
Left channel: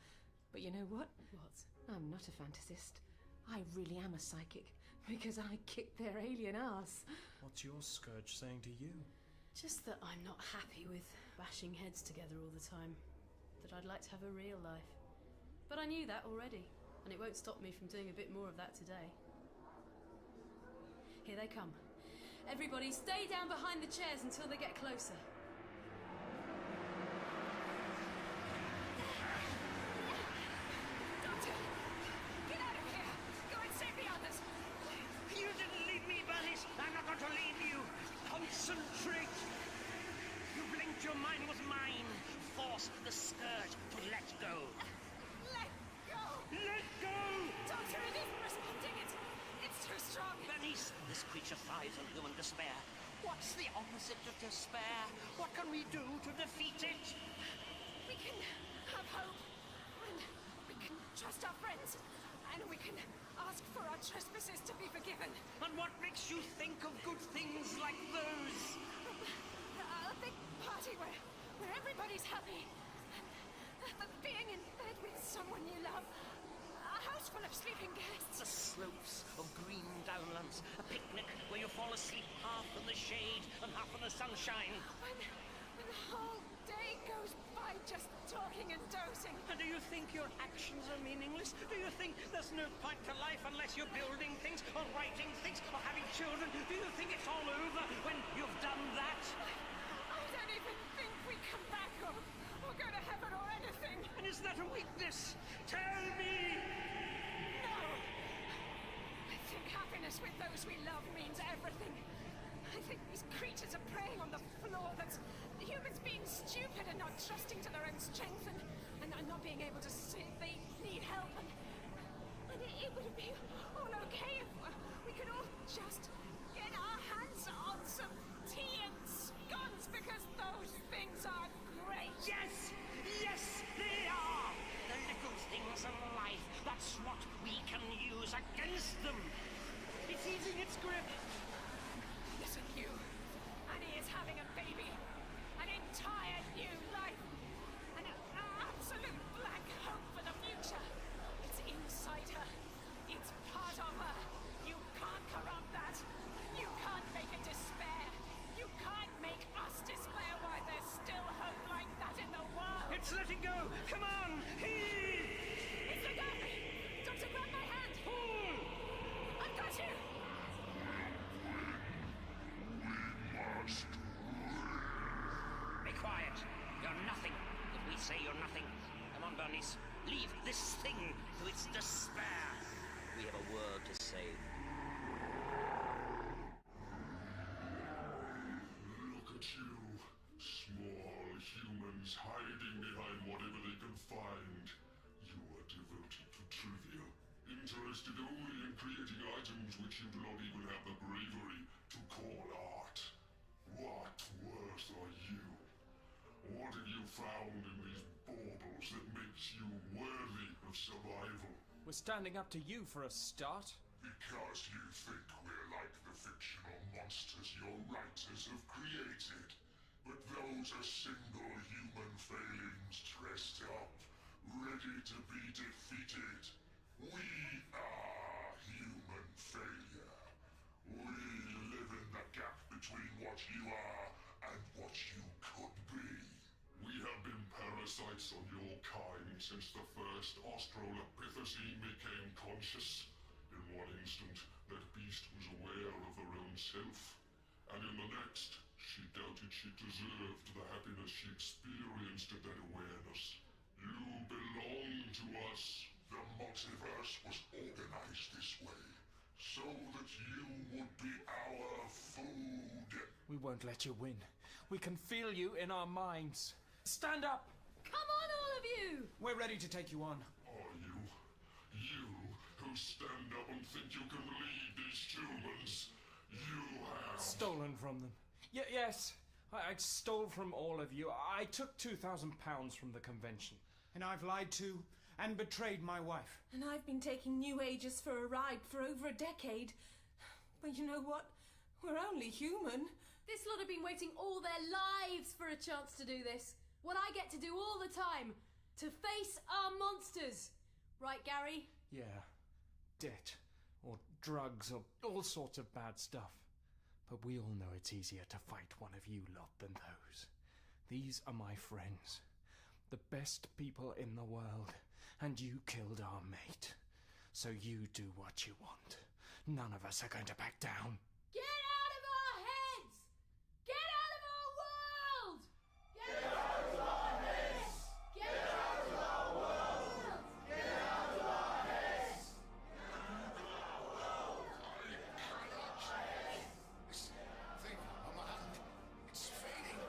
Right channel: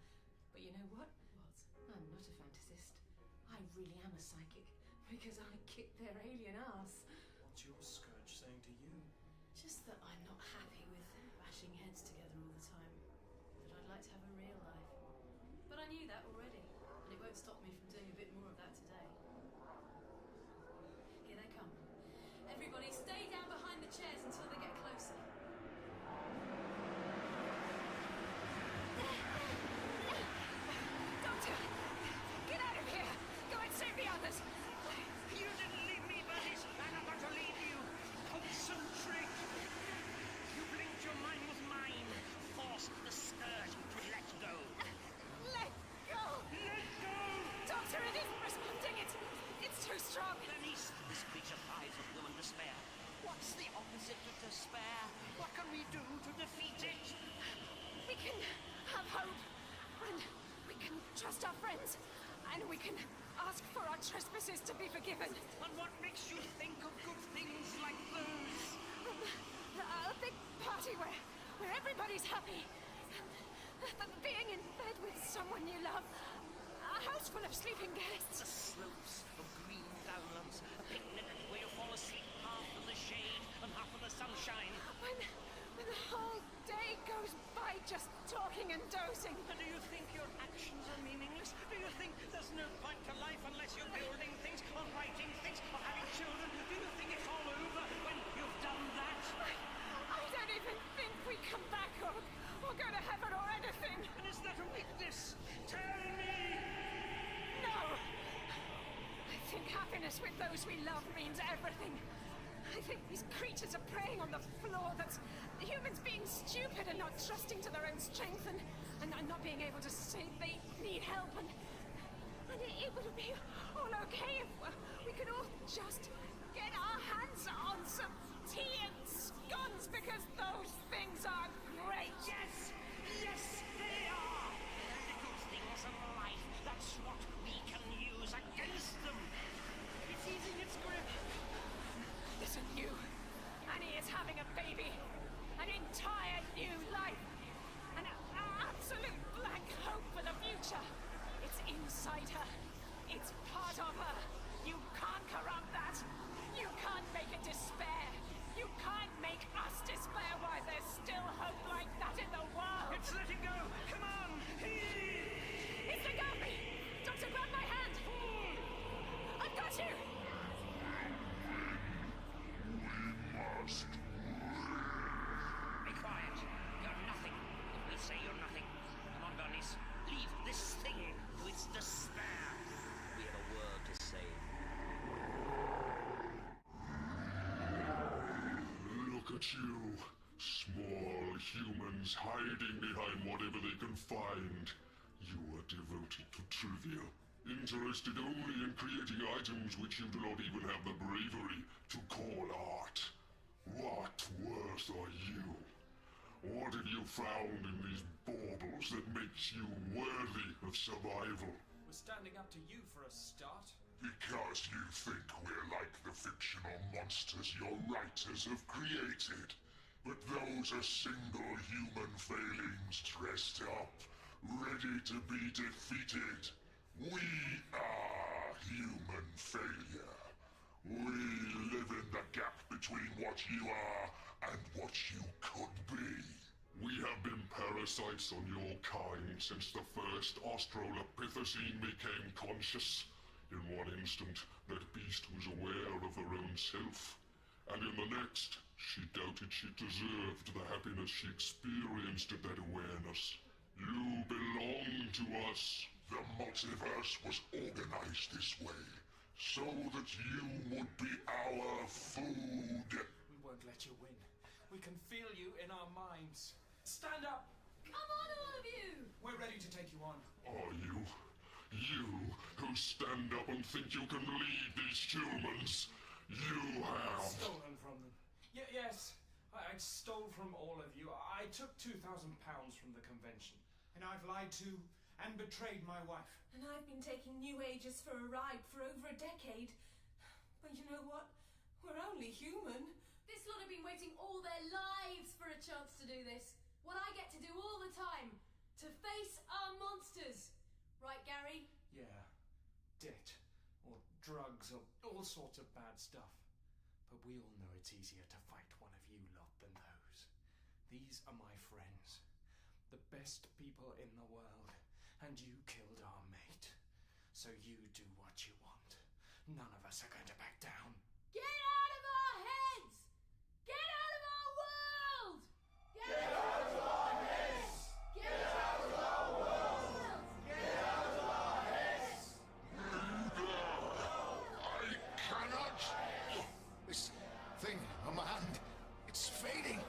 But you know what? What? I'm not a fantasist. I really am a psychic, because I kicked their alien ass. What's your scourge saying to you? Just that I'm not happy with bashing heads together all the time. That I'd like to have a real life. But I knew that already, and it won't stop me from doing a bit more of that today. Here they come. Everybody stay down behind the chairs until they get closer. Doctor! Get out of here! Go and save the others! You didn't leave me, Bernice. I'm not going to leave you. Concentrate. You blinked, your mind was mine. Force the scourge to let go. Let go! Let go! Doctor, it isn't responding. It's too strong. Bernice, this creature thrives on human despair. What's the opposite of despair? What can we do to defeat it? We can have hope, and we can trust our friends, and we can ask for our trespasses to be forgiven. And what makes you think of good things like those? A big party where everybody's happy. And being in bed with someone you love. A house full of sleeping guests. The slopes of green downlands. A picnic where you fall asleep half in the shade and half in the sunshine. When the whole day goes by just talking and dozing. And do you think your actions are meaningless? Do you think there's no point to life unless you're building things, or writing things, or having children? Do you think it's all over when you've done that? I don't even think we come back or go to heaven or anything. And is that a weakness? Tell me! No! I think happiness with those we love means everything. I think these creatures are preying on the floor. That's humans being stupid and not trusting to their own strength and not being able to say they need help. And it would be all okay if we could all just get our hands on some tea and scones, because those things are great. Yes! Yes, they are! The little things in life, that's what we can use against them. It's easing its grip. Listen, you. Annie is having a baby. An entire new life. An absolute blank hope for the future. It's inside her. It's part of her. You can't corrupt that. You can't make it despair. You can't make us despair while there's still hope like that in the world. It's letting go. Come on. Heave. It's let go of me. Doctor, grab my hand. Pull. I've got you. Be quiet. You're nothing if we say you're nothing. Come on, Bernice. Leave this thing to its despair. We have a word to say. Look at you, small humans hiding behind whatever they can find. You are devoted to trivia, interested only in creating items which you do not even have the bravery to call art. What worth are you? What have you found in these baubles that makes you worthy of survival? We're standing up to you for a start. Because you think we're like the fictional monsters your writers have created. But those are single human failings dressed up, ready to be defeated. We are human failure. We live in the gap between what you are and what you could be. We have been parasites on your kind since the first Australopithecine became conscious. In one instant, that beast was aware of her own self, and in the next, she doubted she deserved the happiness she experienced at that awareness. You belong to us. The multiverse was organized this way, so that you would be our food. We won't let you win. We can feel you in our minds. Stand up! Come on, all of you! We're ready to take you on. Are you? You who stand up and think you can lead these humans? You have... Stolen from them. Yes, I stole from all of you. I took £2,000 from the convention. And I've lied to and betrayed my wife. And I've been taking New Agers for a ride for over a decade. But you know what? We're only human. This lot have been waiting all their lives for a chance to do this. What I get to do all the time. To face our monsters. Right, Gary? Yeah. Debt. Or drugs, or all sorts of bad stuff. But we all know it's easier to fight one of you lot than those. These are my friends. The best people in the world. And you killed our mate. So you do what you want. None of us are going to back down. Get out of our heads! Get out of our world! Get out of our heads! Get out of our world! Get out of our heads! I cannot. This thing on my hand, it's fading.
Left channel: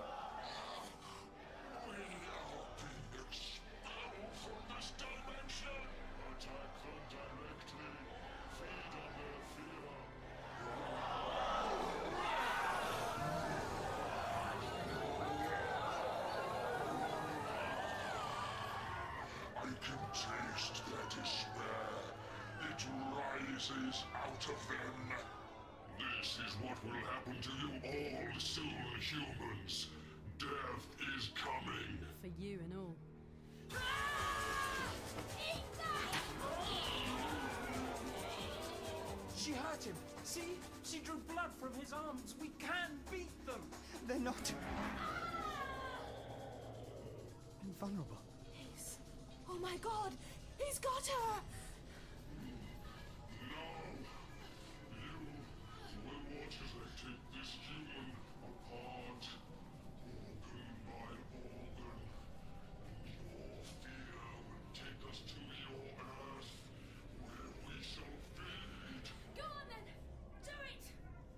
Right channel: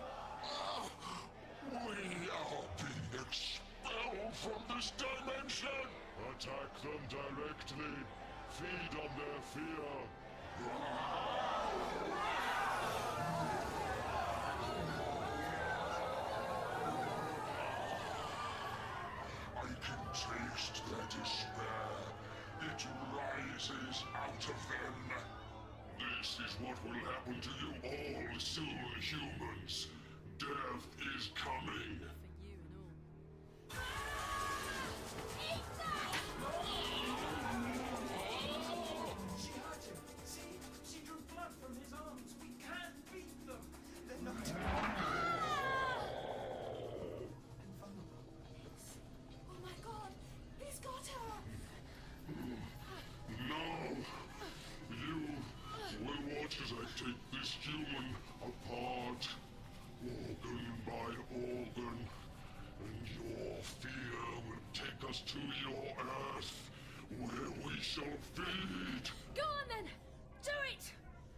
We are being expelled from this dimension. Attack them directly. Feed on their fear. I can taste their despair. It rises out of them. This is what will happen to you all soon, humans. Death is coming. For you and all. She hurt him. See? She drew blood from his arms. We can beat them. They're not invulnerable. Oh my God! He's got her! No! You will watch as I take this human apart, organ by organ, and your fear will take us to your Earth, where we shall feed. Go on then! Do it!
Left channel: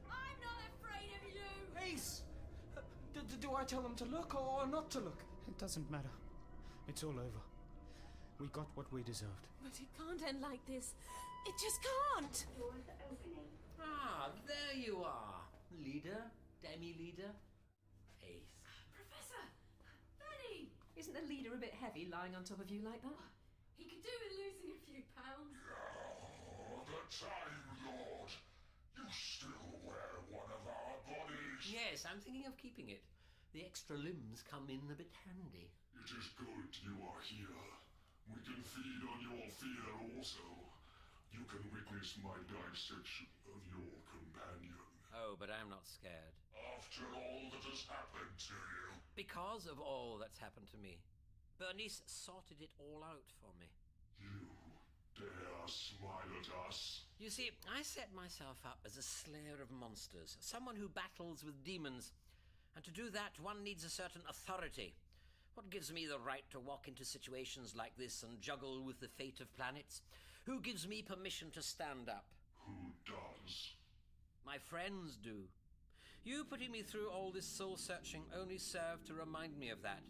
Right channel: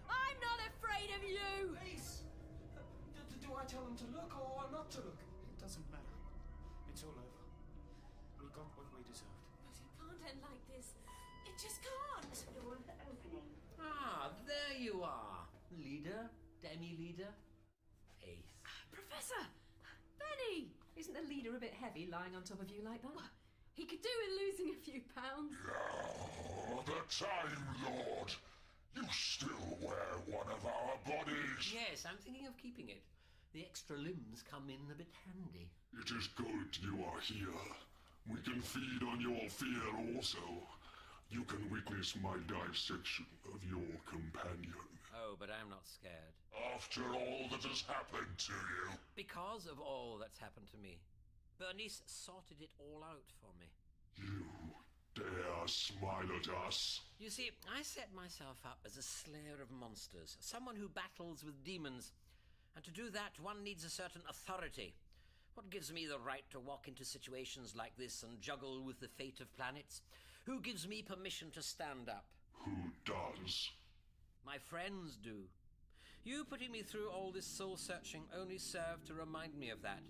I'm not afraid of you! Ace! Do I tell them to look or not to look? It doesn't matter. It's all over. We got what we deserved. But it can't end like this. It just can't! Doors opening. Ah, there you are. Leader, demi-leader, Ace. Professor! Benny! Isn't the leader a bit heavy lying on top of you like that? He could do with losing a few pounds. Oh, the Time Lord! You still wear one of our bodies! Yes, I'm thinking of keeping it. The extra limbs come in a bit handy. It is good you are here. We can feed on your fear also. You can witness my dissection of your companion. Oh, but I'm not scared. After all that has happened to you. Because of all that's happened to me. Bernice sorted it all out for me. You dare smile at us? You see, I set myself up as a slayer of monsters, someone who battles with demons. And to do that, one needs a certain authority. What gives me the right to walk into situations like this and juggle with the fate of planets? Who gives me permission to stand up? Who does? My friends do. You putting me through all this soul-searching only served to remind me of that,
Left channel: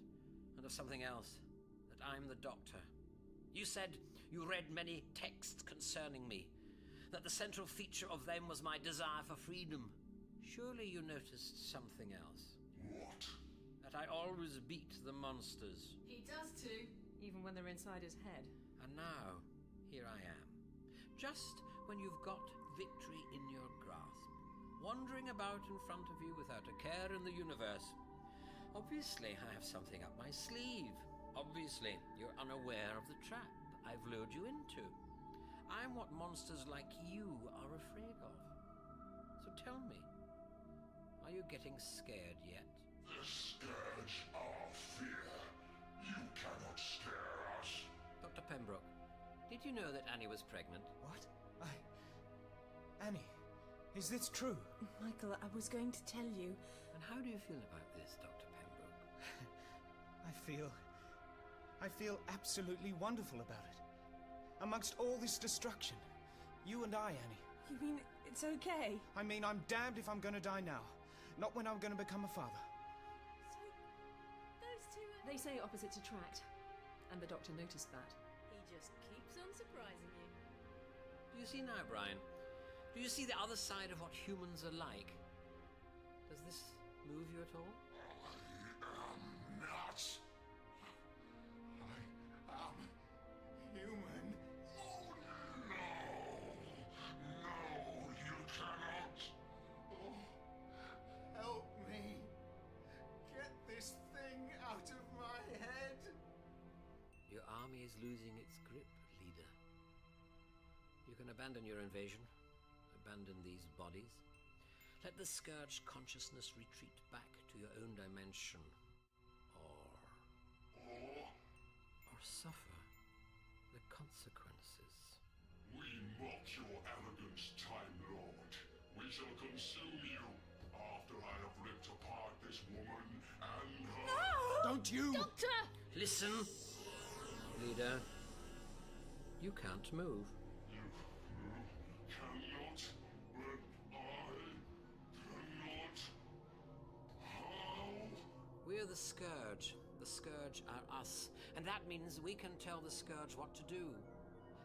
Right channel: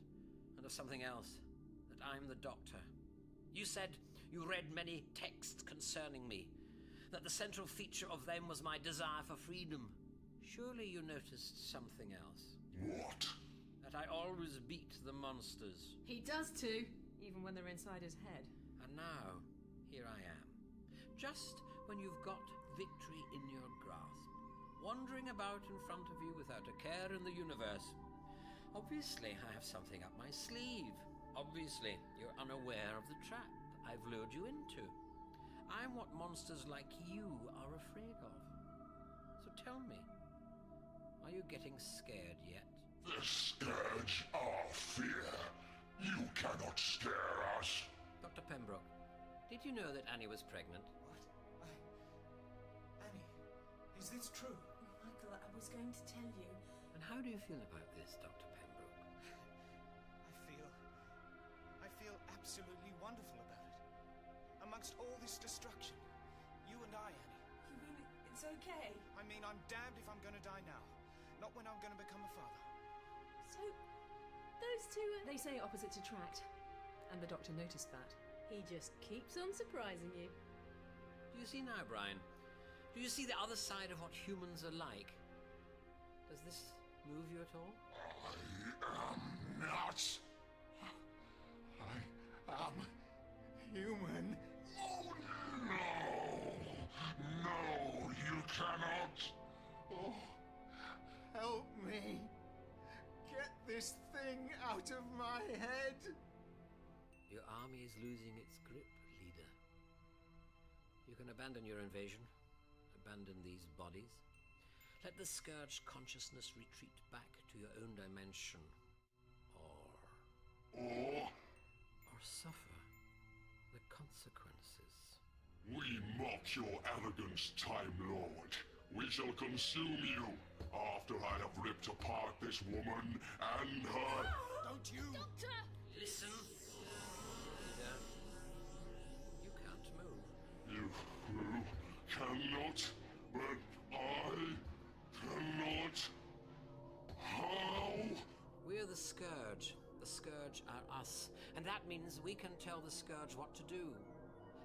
and of something else, that I'm the Doctor. You said you read many texts concerning me, that the central feature of them was my desire for freedom. Surely you noticed something else. What? That I always beat the monsters. He does too. Even when they're inside his head. And now, here I am. Just when you've got victory in your grasp, wandering about in front of you without a care in the universe. Obviously, I have something up my sleeve. Obviously, you're unaware of the trap I've lured you into. I'm what monsters like you are afraid of. So tell me, are you getting scared yet? The scourge our fear. You cannot scare us. Dr. Pembroke, did you know that Annie was pregnant? What? Annie, is this true? Michael, I was going to tell you. And how do you feel about this, Dr. Pembroke? I feel absolutely wonderful about it. Amongst all this destruction, you and I, Annie. You mean it's okay? I mean, I'm damned if I'm gonna die now. Not when I'm gonna become a father. So, those two They say opposites attract. And the Doctor noticed that. He just keeps on surprising you. Do you see now, Brian? Do you see the other side of what humans are like? Does this move you at all? I am not. I am human. Oh, no! No, you cannot! Oh. Help me. Get this thing out of my head. Your army is losing its grip, leader. You can abandon your invasion, abandon these bodies. Let the Scourge consciousness retreat back to your own dimension. Or suffer the consequences. We mock your arrogance, Time Lord. We shall consume you after I have ripped apart this woman and her... No! Don't you... Doctor! Listen, leader. You can't move. You cannot, but I cannot. How? We're the Scourge. The Scourge are us. And that means we can tell the Scourge what to do.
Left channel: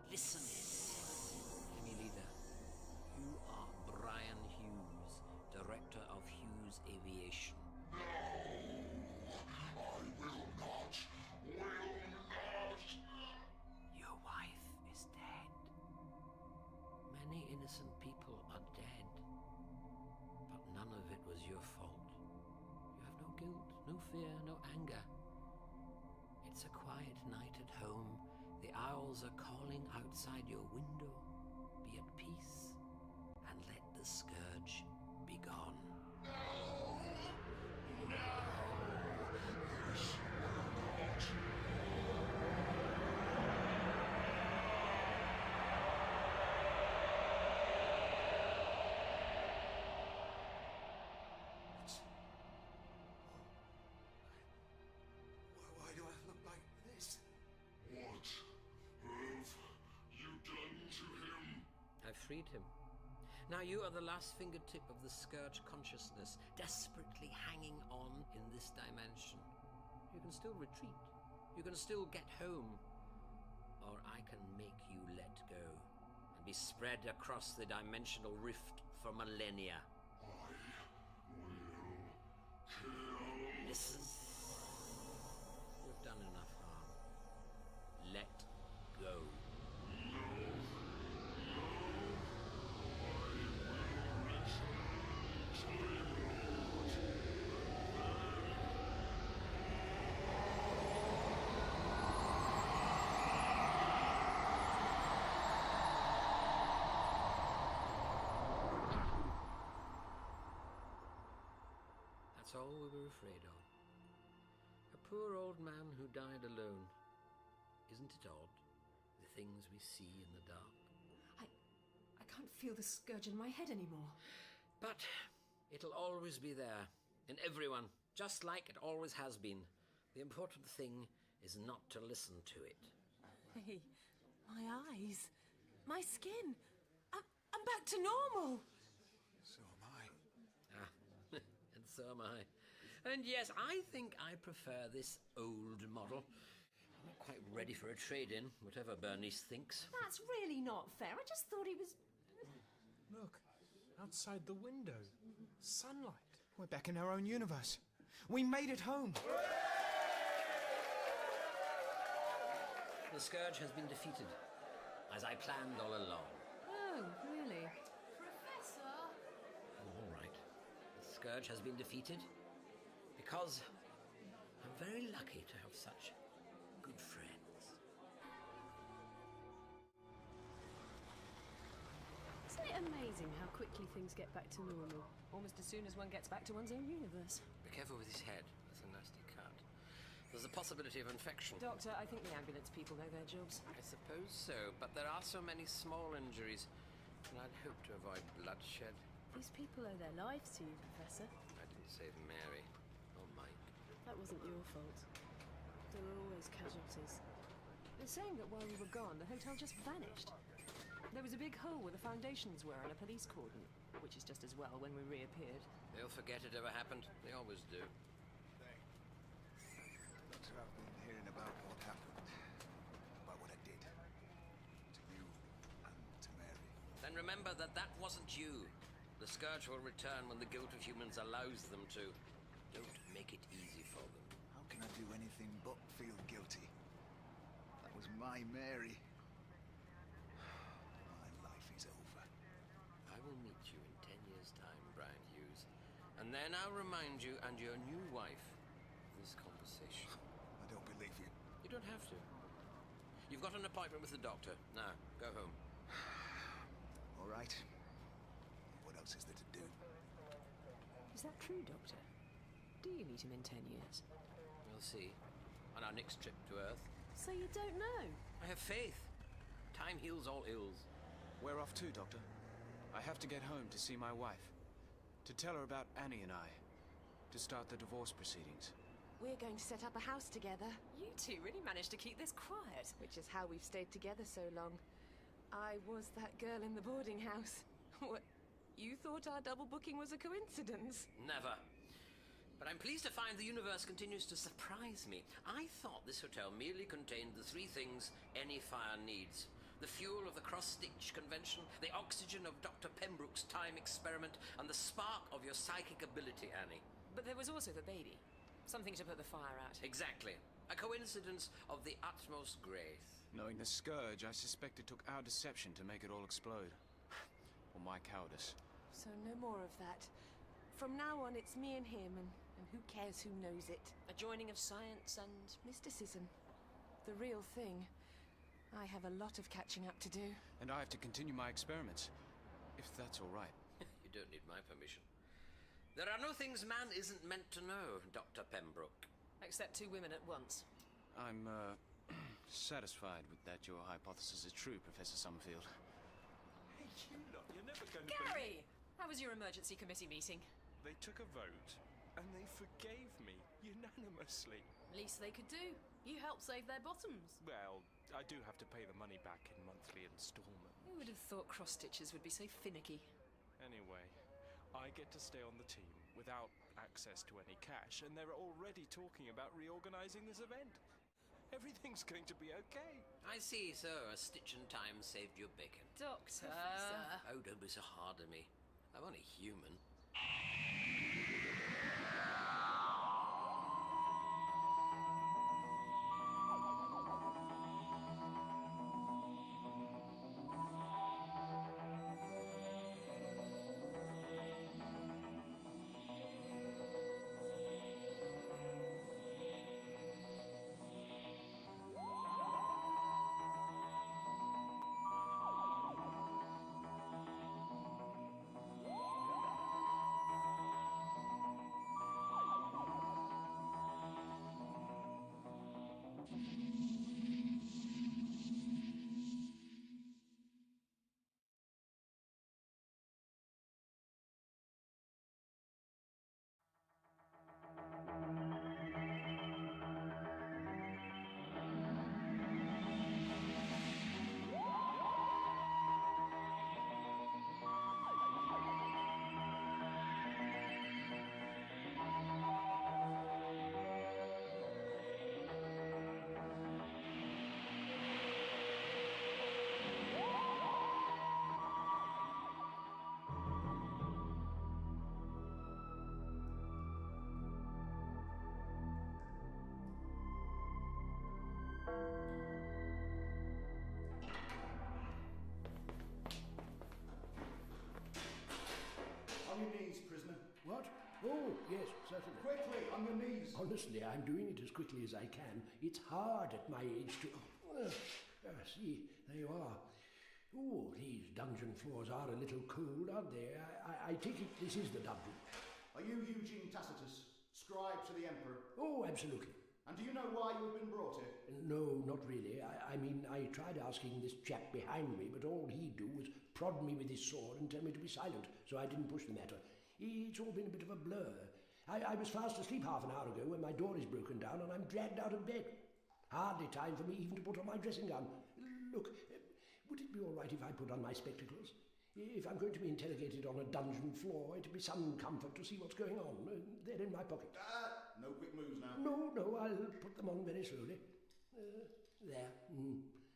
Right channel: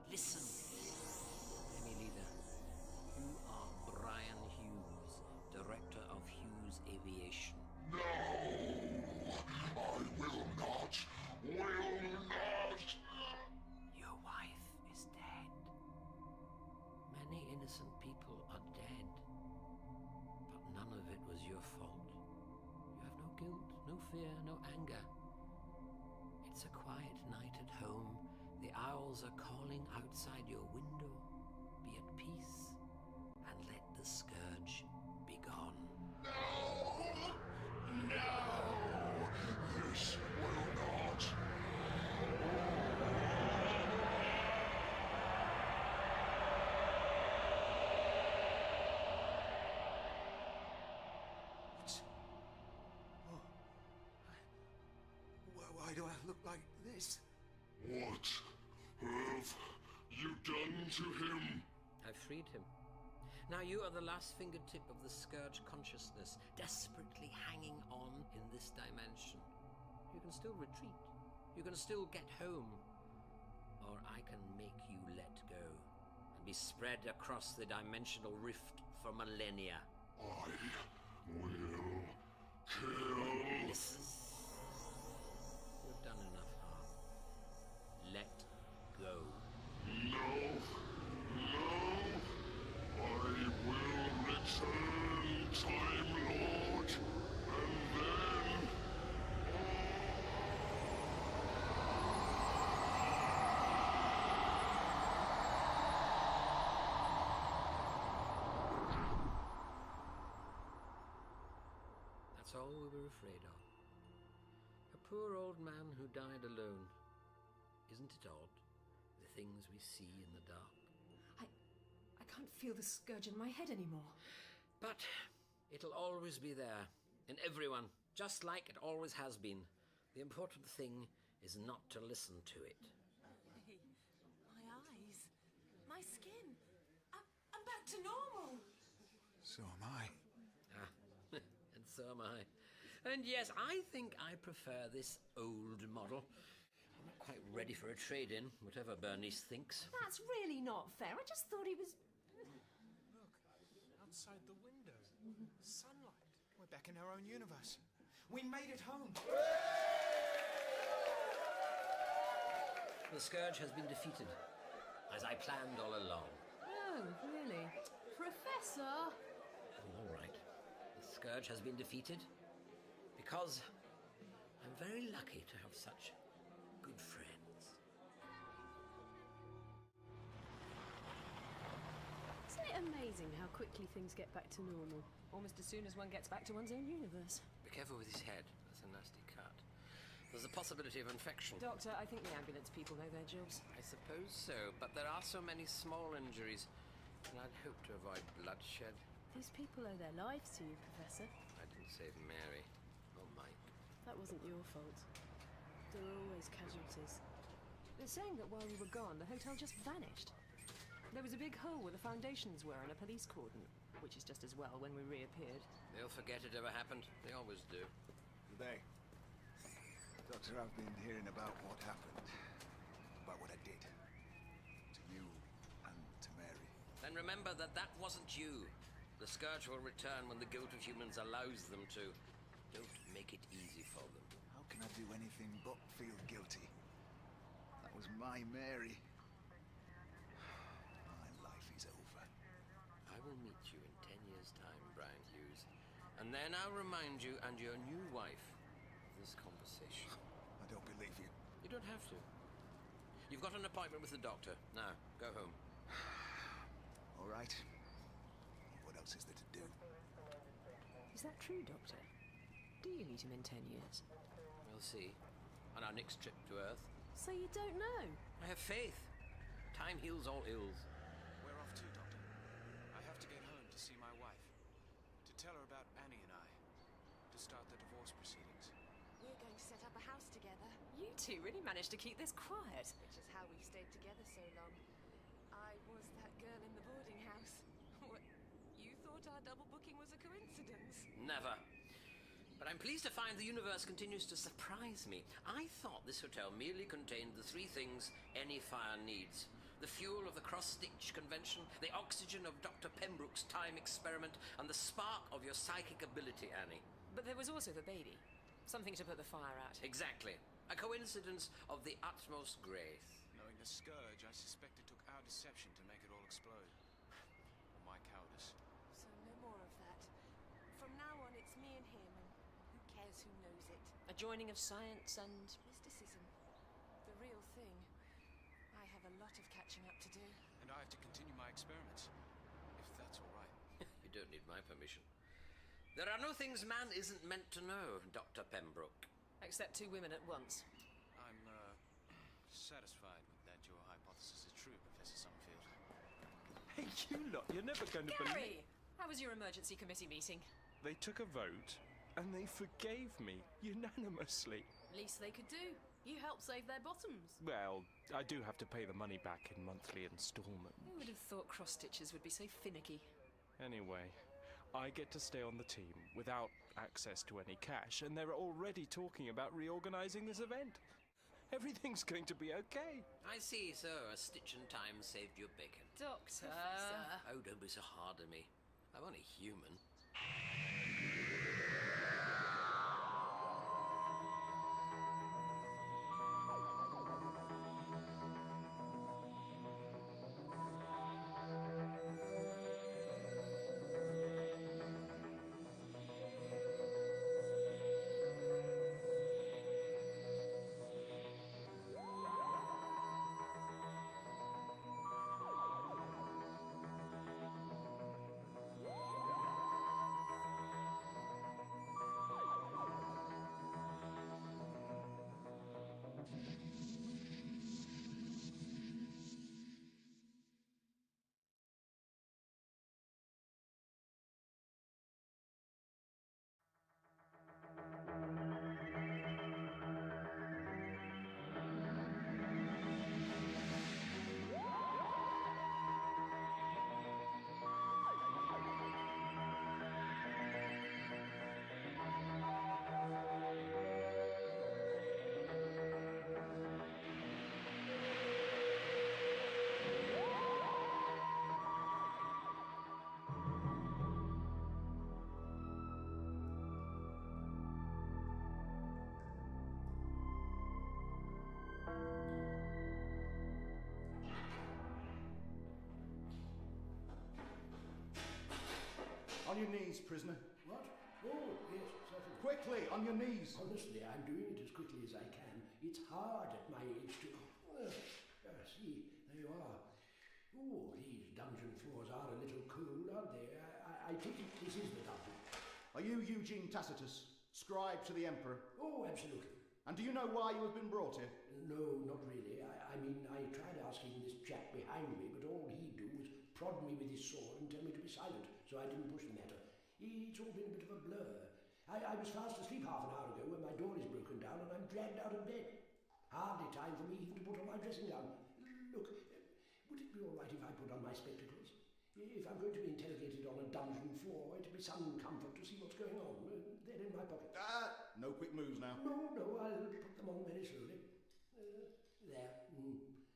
Listen. Hear me, leader. You are Brian Hughes, director of Hughes Aviation. No! I will not! Will not! Your wife is dead. Many innocent people are dead. But none of it was your fault. You have no guilt, no fear, no anger. It's a quiet night at home. The owls are calling outside your window. Be at peace and let the Scourge be gone. No! No! This will not! Why do I look like this? What have you done to him? I've freed him. Now you are the last fingertip of the Scourge consciousness, desperately hanging on in this dimension. You can still retreat. You can still get home. Or I can make you let go and be spread across the dimensional rift for millennia. I will kill... Listen. You've done enough harm. Let go. No! I will return, Time Lord, and then... That's all we were afraid of. A poor old man who died alone. Isn't it odd, the things we see in the dark? I can't feel the Scourge in my head anymore. But it'll always be there, in everyone, just like it always has been. The important thing is not to listen to it. Hey, my eyes, my skin. I'm back to normal. So am I. Ah, and so am I. And yes, I think I prefer this old model. I'm not quite ready for a trade-in, whatever Bernice thinks. That's really not fair. I just thought he was... Look, outside the window. Sunlight. We're back in our own universe. We made it home. The Scourge has been defeated, as I planned all along. Oh, really? Professor! Oh, all right. The Scourge has been defeated because I'm very lucky to have such good friends. Isn't it amazing how quickly things get back to normal? Almost as soon as one gets back to one's own universe. Be careful with his head. That's a nasty cut. There's a possibility of infection. Doctor, I think the ambulance people know their jobs. I suppose so, but there are so many small injuries, and I'd hope to avoid bloodshed. These people owe their lives to you, Professor. I didn't save Mary or Mike. That wasn't your fault. There were always casualties. They're saying that while we were gone, the hotel just vanished. There was a big hole where the foundations were and a police cordon, which is just as well when we reappeared. They'll forget it ever happened. They always do. They. Doctor, I've been hearing about what happened. About what I did. To you and to Mary. Then remember that that wasn't you. The Scourge will return when the guilt of humans allows them to. Don't make it easy for them. How can I do anything but feel guilty? That was my Mary. My life is over. I will meet you in 10 years' time, Brian Hughes. And then I'll remind you and your new wife of this conversation. I don't believe you. You don't have to. You've got an appointment with the doctor. Now, go home. All right. What else is there to do? Is that true, Doctor? Do you meet him in 10 years? We'll see. On our next trip to Earth. So you don't know? I have faith. Time heals all ills. Where off to, Doctor? I have to get home to see my wife. To tell her about Annie and I. To start the divorce proceedings. We're going to set up a house together. You two really managed to keep this quiet. Which is how we've stayed together so long. I was that girl in the boarding house. What, you thought our double booking was a coincidence? Never. But I'm pleased to find the universe continues to surprise me. I thought this hotel merely contained the three things any fire needs. The fuel of the cross-stitch convention, the oxygen of Dr. Pembroke's time experiment, and the spark of your psychic ability, Annie. But there was also the baby. Something to put the fire out. Exactly. A coincidence of the utmost grace. Knowing the scourge, I suspect it took our deception to make it all explode. Or my cowardice. So no more of that. From now on, it's me and him, and who cares who knows it? A joining of science and... mysticism. The real thing. I have a lot of catching up to do. And I have to continue my experiments. If that's all right. You don't need my permission. There are no things man isn't meant to know, Dr. Pembroke. Except two women at once. I'm, satisfied with that your hypothesis is true, Professor Summerfield. Hey, you lot, you're never going to Gary! How was your emergency committee meeting? They took a vote, and they forgave me, unanimously. Least they could do. You helped save their bottoms. Well, I do have to pay the money back in monthly installments. Who would have thought cross-stitchers would be so finicky? Anyway, I get to stay on the team without access to any cash, and they're already talking about reorganizing this event. Everything's going to be okay. I see, so a stitch in time saved your bacon. Doctor... Oh, don't be so hard on me. I'm only human. On your knees, prisoner. What? Oh, yes, certainly. Quickly, on your knees. Honestly, I'm doing it as quickly as I can. It's hard at my age to... see, there you are. Oh, these dungeon floors are a little cold, aren't they? I take it this is the dungeon. Are you Eugene Tacitus, scribe to the Emperor? Oh, absolutely. And do you know why you have been brought here? No, not really. I mean, I tried asking this chap behind me, but all he'd do was prod me with his sword and tell me to be silent, so I didn't push the matter. It's all been a bit of a blur. I was fast asleep half an hour ago when my door is broken down and I'm dragged out of bed. Hardly time for me even to put on my dressing gown. Look, would it be all right if I put on my spectacles? If I'm going to be interrogated on a dungeon floor, it'd be some comfort to see what's going on. They're in my pocket. No quick moves now. No, I'll put them on very slowly. There.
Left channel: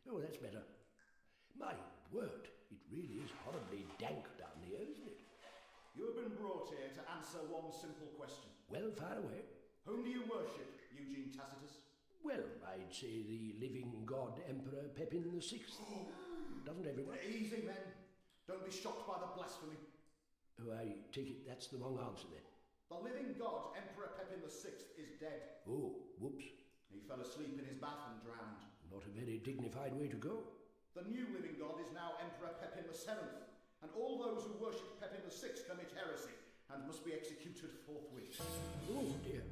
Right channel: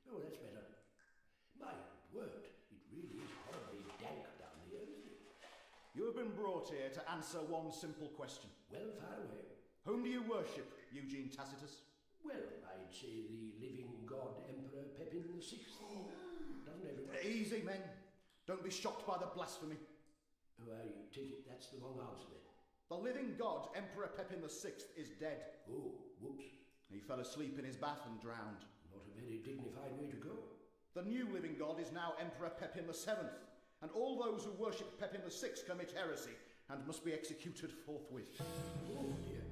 Oh, that's better. My word, it really is horribly dank down here, isn't it? You have been brought here to answer one simple question. Well, fire away. Whom do you worship, Eugene Tacitus? Well, I'd say the living god Emperor Pepin VI. Doesn't everyone? Easy, men. Don't be shocked by the blasphemy. Oh, I take it that's the wrong answer then. The living god Emperor Pepin VI is dead. Oh, whoops. He fell asleep in his bath and drowned. Not a very dignified way to go. The new living god is now Emperor Pepin VII, and all those who worship Pepin VI commit heresy and must be executed forthwith. Oh dear.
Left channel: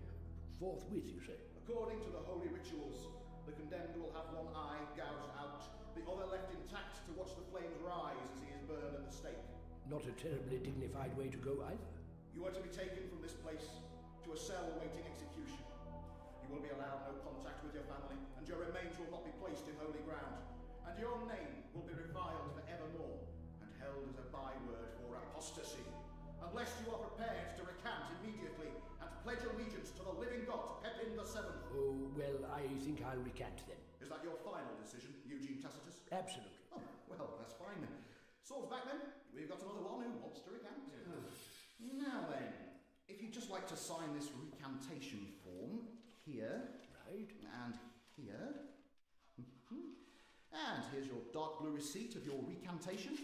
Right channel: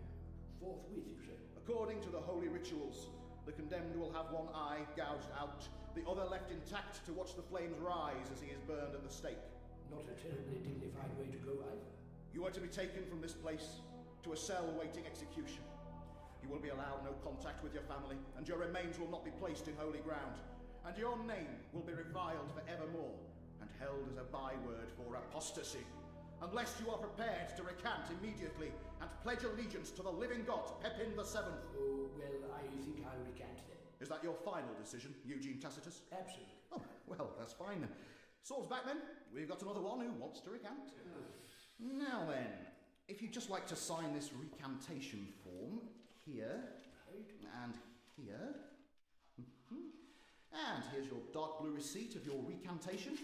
Forthwith, you say? According to the holy rituals, the condemned will have one eye gouged out, the other left intact to watch the flames rise as he is burned at the stake. Not a terribly dignified way to go either. You are to be taken from this place to a cell awaiting execution. You will be allowed no contact with your family, and your remains will not be placed in holy ground. And your name will be reviled for evermore, and held as a byword for apostasy, unless you are prepared to recant immediately and pledge allegiance to the living god, Pepin VII. Oh, well, I think I'll recant then. Is that your final decision, Eugene Tacitus? Absolutely. Oh, well, that's fine. Swords back then. We've got another one who wants to recant. Now then, if you'd just like to sign this recantation form here, right, and here, and here's your dark blue receipt of your recantation,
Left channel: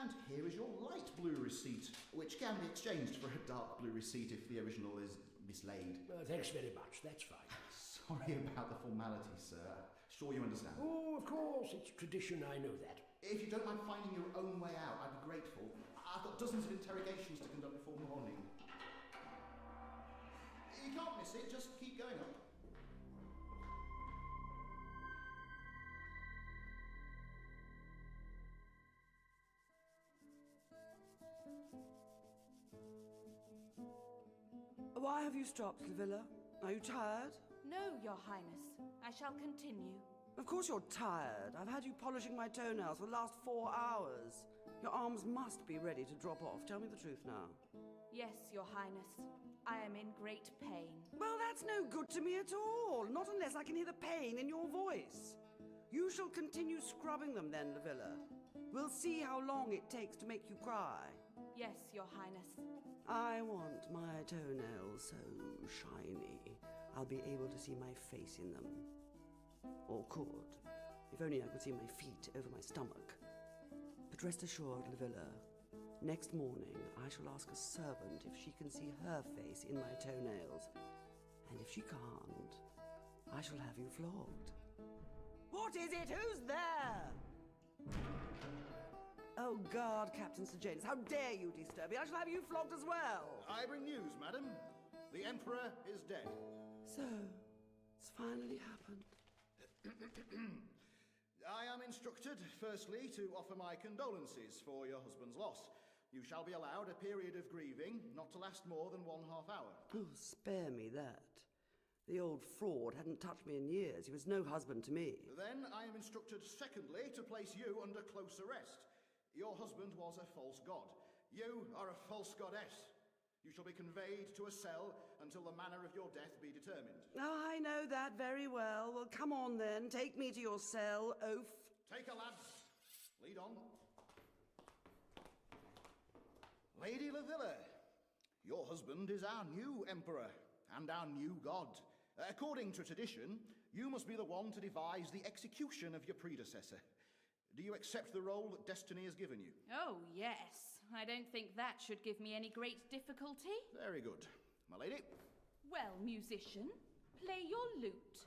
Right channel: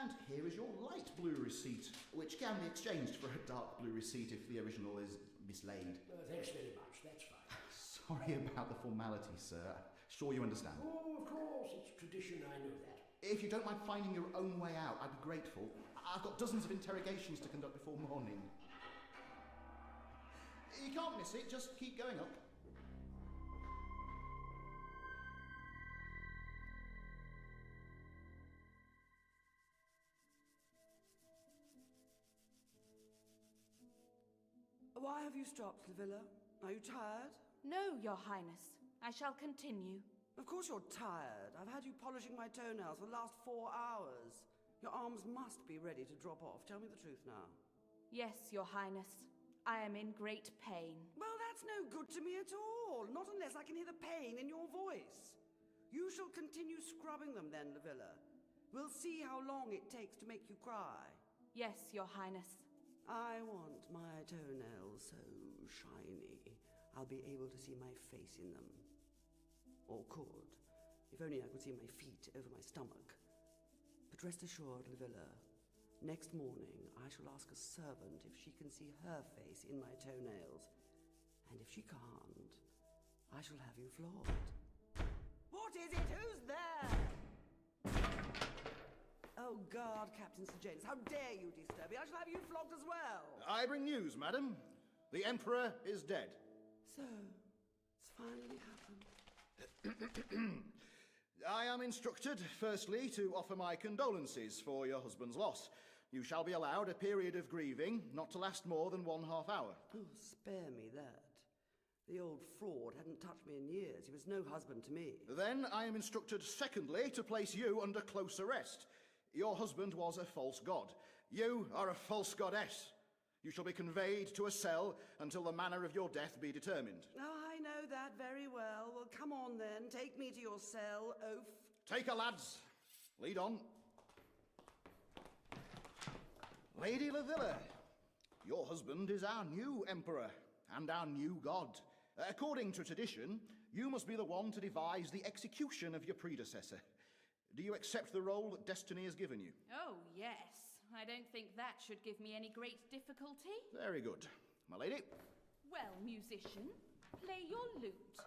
and here is your light blue receipt, which can be exchanged for a dark blue receipt if the original is mislaid. Thanks very much, that's fine. Sorry about the formality, sir. Sure you understand. Oh, of course, it's tradition, I know that. If you don't mind finding your own way out, I'd be grateful. I've got dozens of interrogations to conduct before morning. You can't miss it, just keep going up. Why have you stopped, Livilla? Are you tired? No, Your Highness. I shall continue. Of course you're tired. I've had you polishing my toenails for the last 4 hours. Your arms must be ready to drop off. Tell me the truth now. Yes, Your Highness. I am in great pain. Well, that's no good to me at all. Not unless I can hear the pain in your voice. You shall continue scrubbing them then, Livilla. We'll see how long it takes to make you cry. Yes, Your Highness. I want my toenails so shiny, I'll be able to see my face in them. Or could. If only I could see my feet over my stomach. But rest assured, Livilla, next morning I shall ask a servant if she can see her face in my toenails. And if she can't, I shall have you flogged. What is it? Who's there? Oh, God, Captain Sir James, how dare you disturb me? I shall have you flogged as well. I bring news, madam. The Emperor is dead. So, it's finally happened. I am instructed, firstly, to offer my condolences for your husband's loss. You shall be allowed a period of grieving, not to last more than 1/2 hour. Oh, spare me that. The old fraud hadn't touched me in years. He was no husband to me. Then I am instructed, secondly, to place you under close arrest. Your husband was a false god. You are a false goddess. You shall be conveyed to a cell until the manner of your death be determined. Oh, I know that very well. Well, come on then. Take me to your cell, oaf. Take her, lads. Lead on. Lady Livilla, your husband is our new emperor and our new god. According to tradition, you must be the one to devise the execution of your predecessor. Do you accept the role that destiny has given you? Oh, yes. I don't think that should give me any great difficulty. Very good. My lady? Well, musician, play your lute.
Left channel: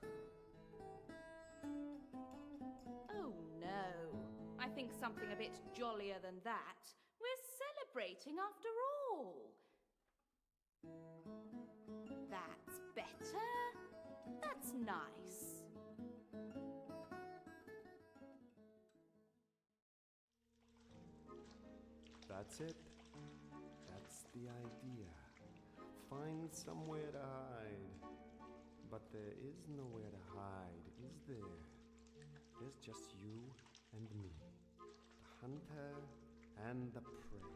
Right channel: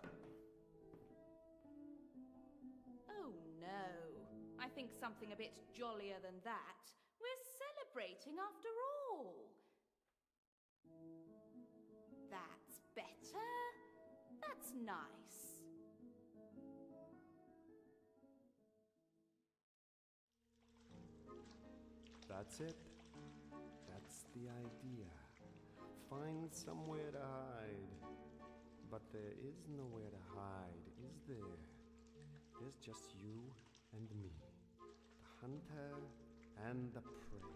Oh, no. I think something a bit jollier than that. We're celebrating after all. That's better. That's nice. That's it. That's the idea. Find somewhere to hide. But there is nowhere to hide, is there? There's just you and me. The hunter and the prey.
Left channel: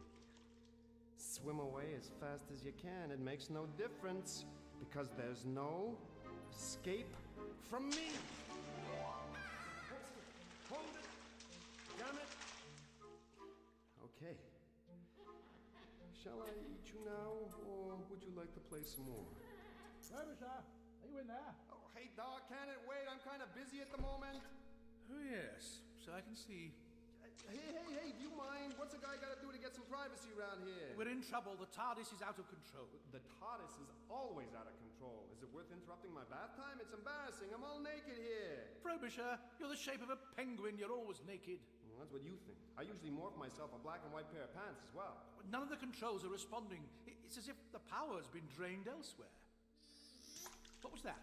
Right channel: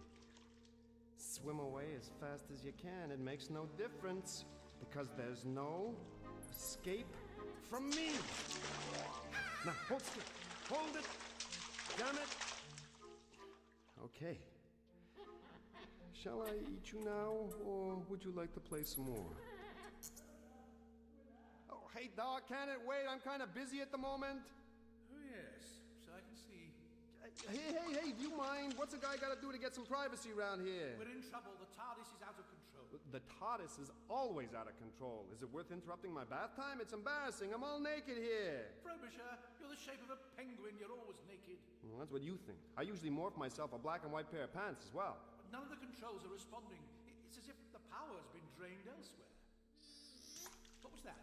Swim away as fast as you can. It makes no difference because there's no escape from me. Now, hold still. Hold it. Damn it. Okay. Shall I eat you now, or would you like to play some more? Officer, are you in there? Oh, Oh, hey, Doc, can it wait? I'm kind of busy at the moment. Oh, yes. So I can see. Hey, do you mind? What's a guy got to do to get some privacy around here? We're in trouble. The TARDIS is out of control. The TARDIS is always out of control. Is it worth interrupting my bath time? It's embarrassing. I'm all naked here. Frobisher, you're the shape of a penguin. You're always naked. Well, that's what you think. I usually morph myself a black and white pair of pants as well. None of the controls are responding. It's as if the power's been drained elsewhere. What was that?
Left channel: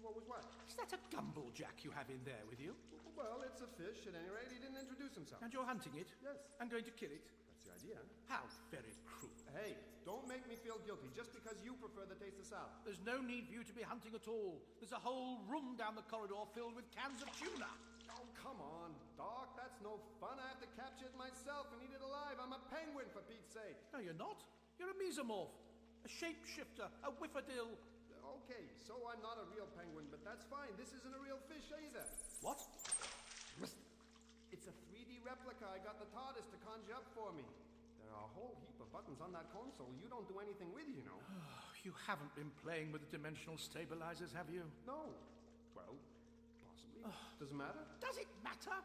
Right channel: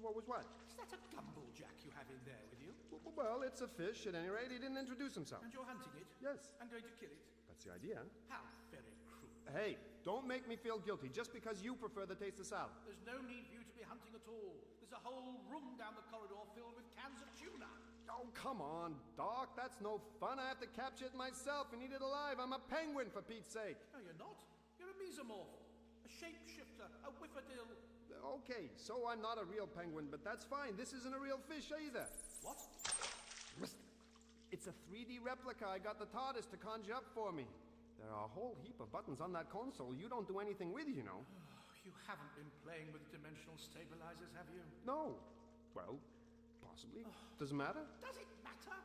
What was what? Is that a gumball jack you have in there with you? Well, it's a fish at any rate. He didn't introduce himself. And you're hunting it? Yes. And going to kill it? That's the idea. How very cruel. Hey, don't make me feel guilty just because you prefer the taste of salad. There's no need for you to be hunting at all. There's a whole room down the corridor filled with cans of tuna. Oh, come on, Doc. That's no fun. I have to capture it myself and eat it alive. I'm a penguin, for Pete's sake. No, you're not. You're a mesomorph. A shapeshifter. A whiffadill. Okay, so I'm not a real penguin, but that's fine. This isn't a real fish either. What? It's a 3D replica I got the TARDIS to conjure up for me. There are a whole heap of buttons on that console you don't do anything with, you know. You haven't been playing with the dimensional stabilizers, have you? No. Well, possibly. Does it matter? Does it matter?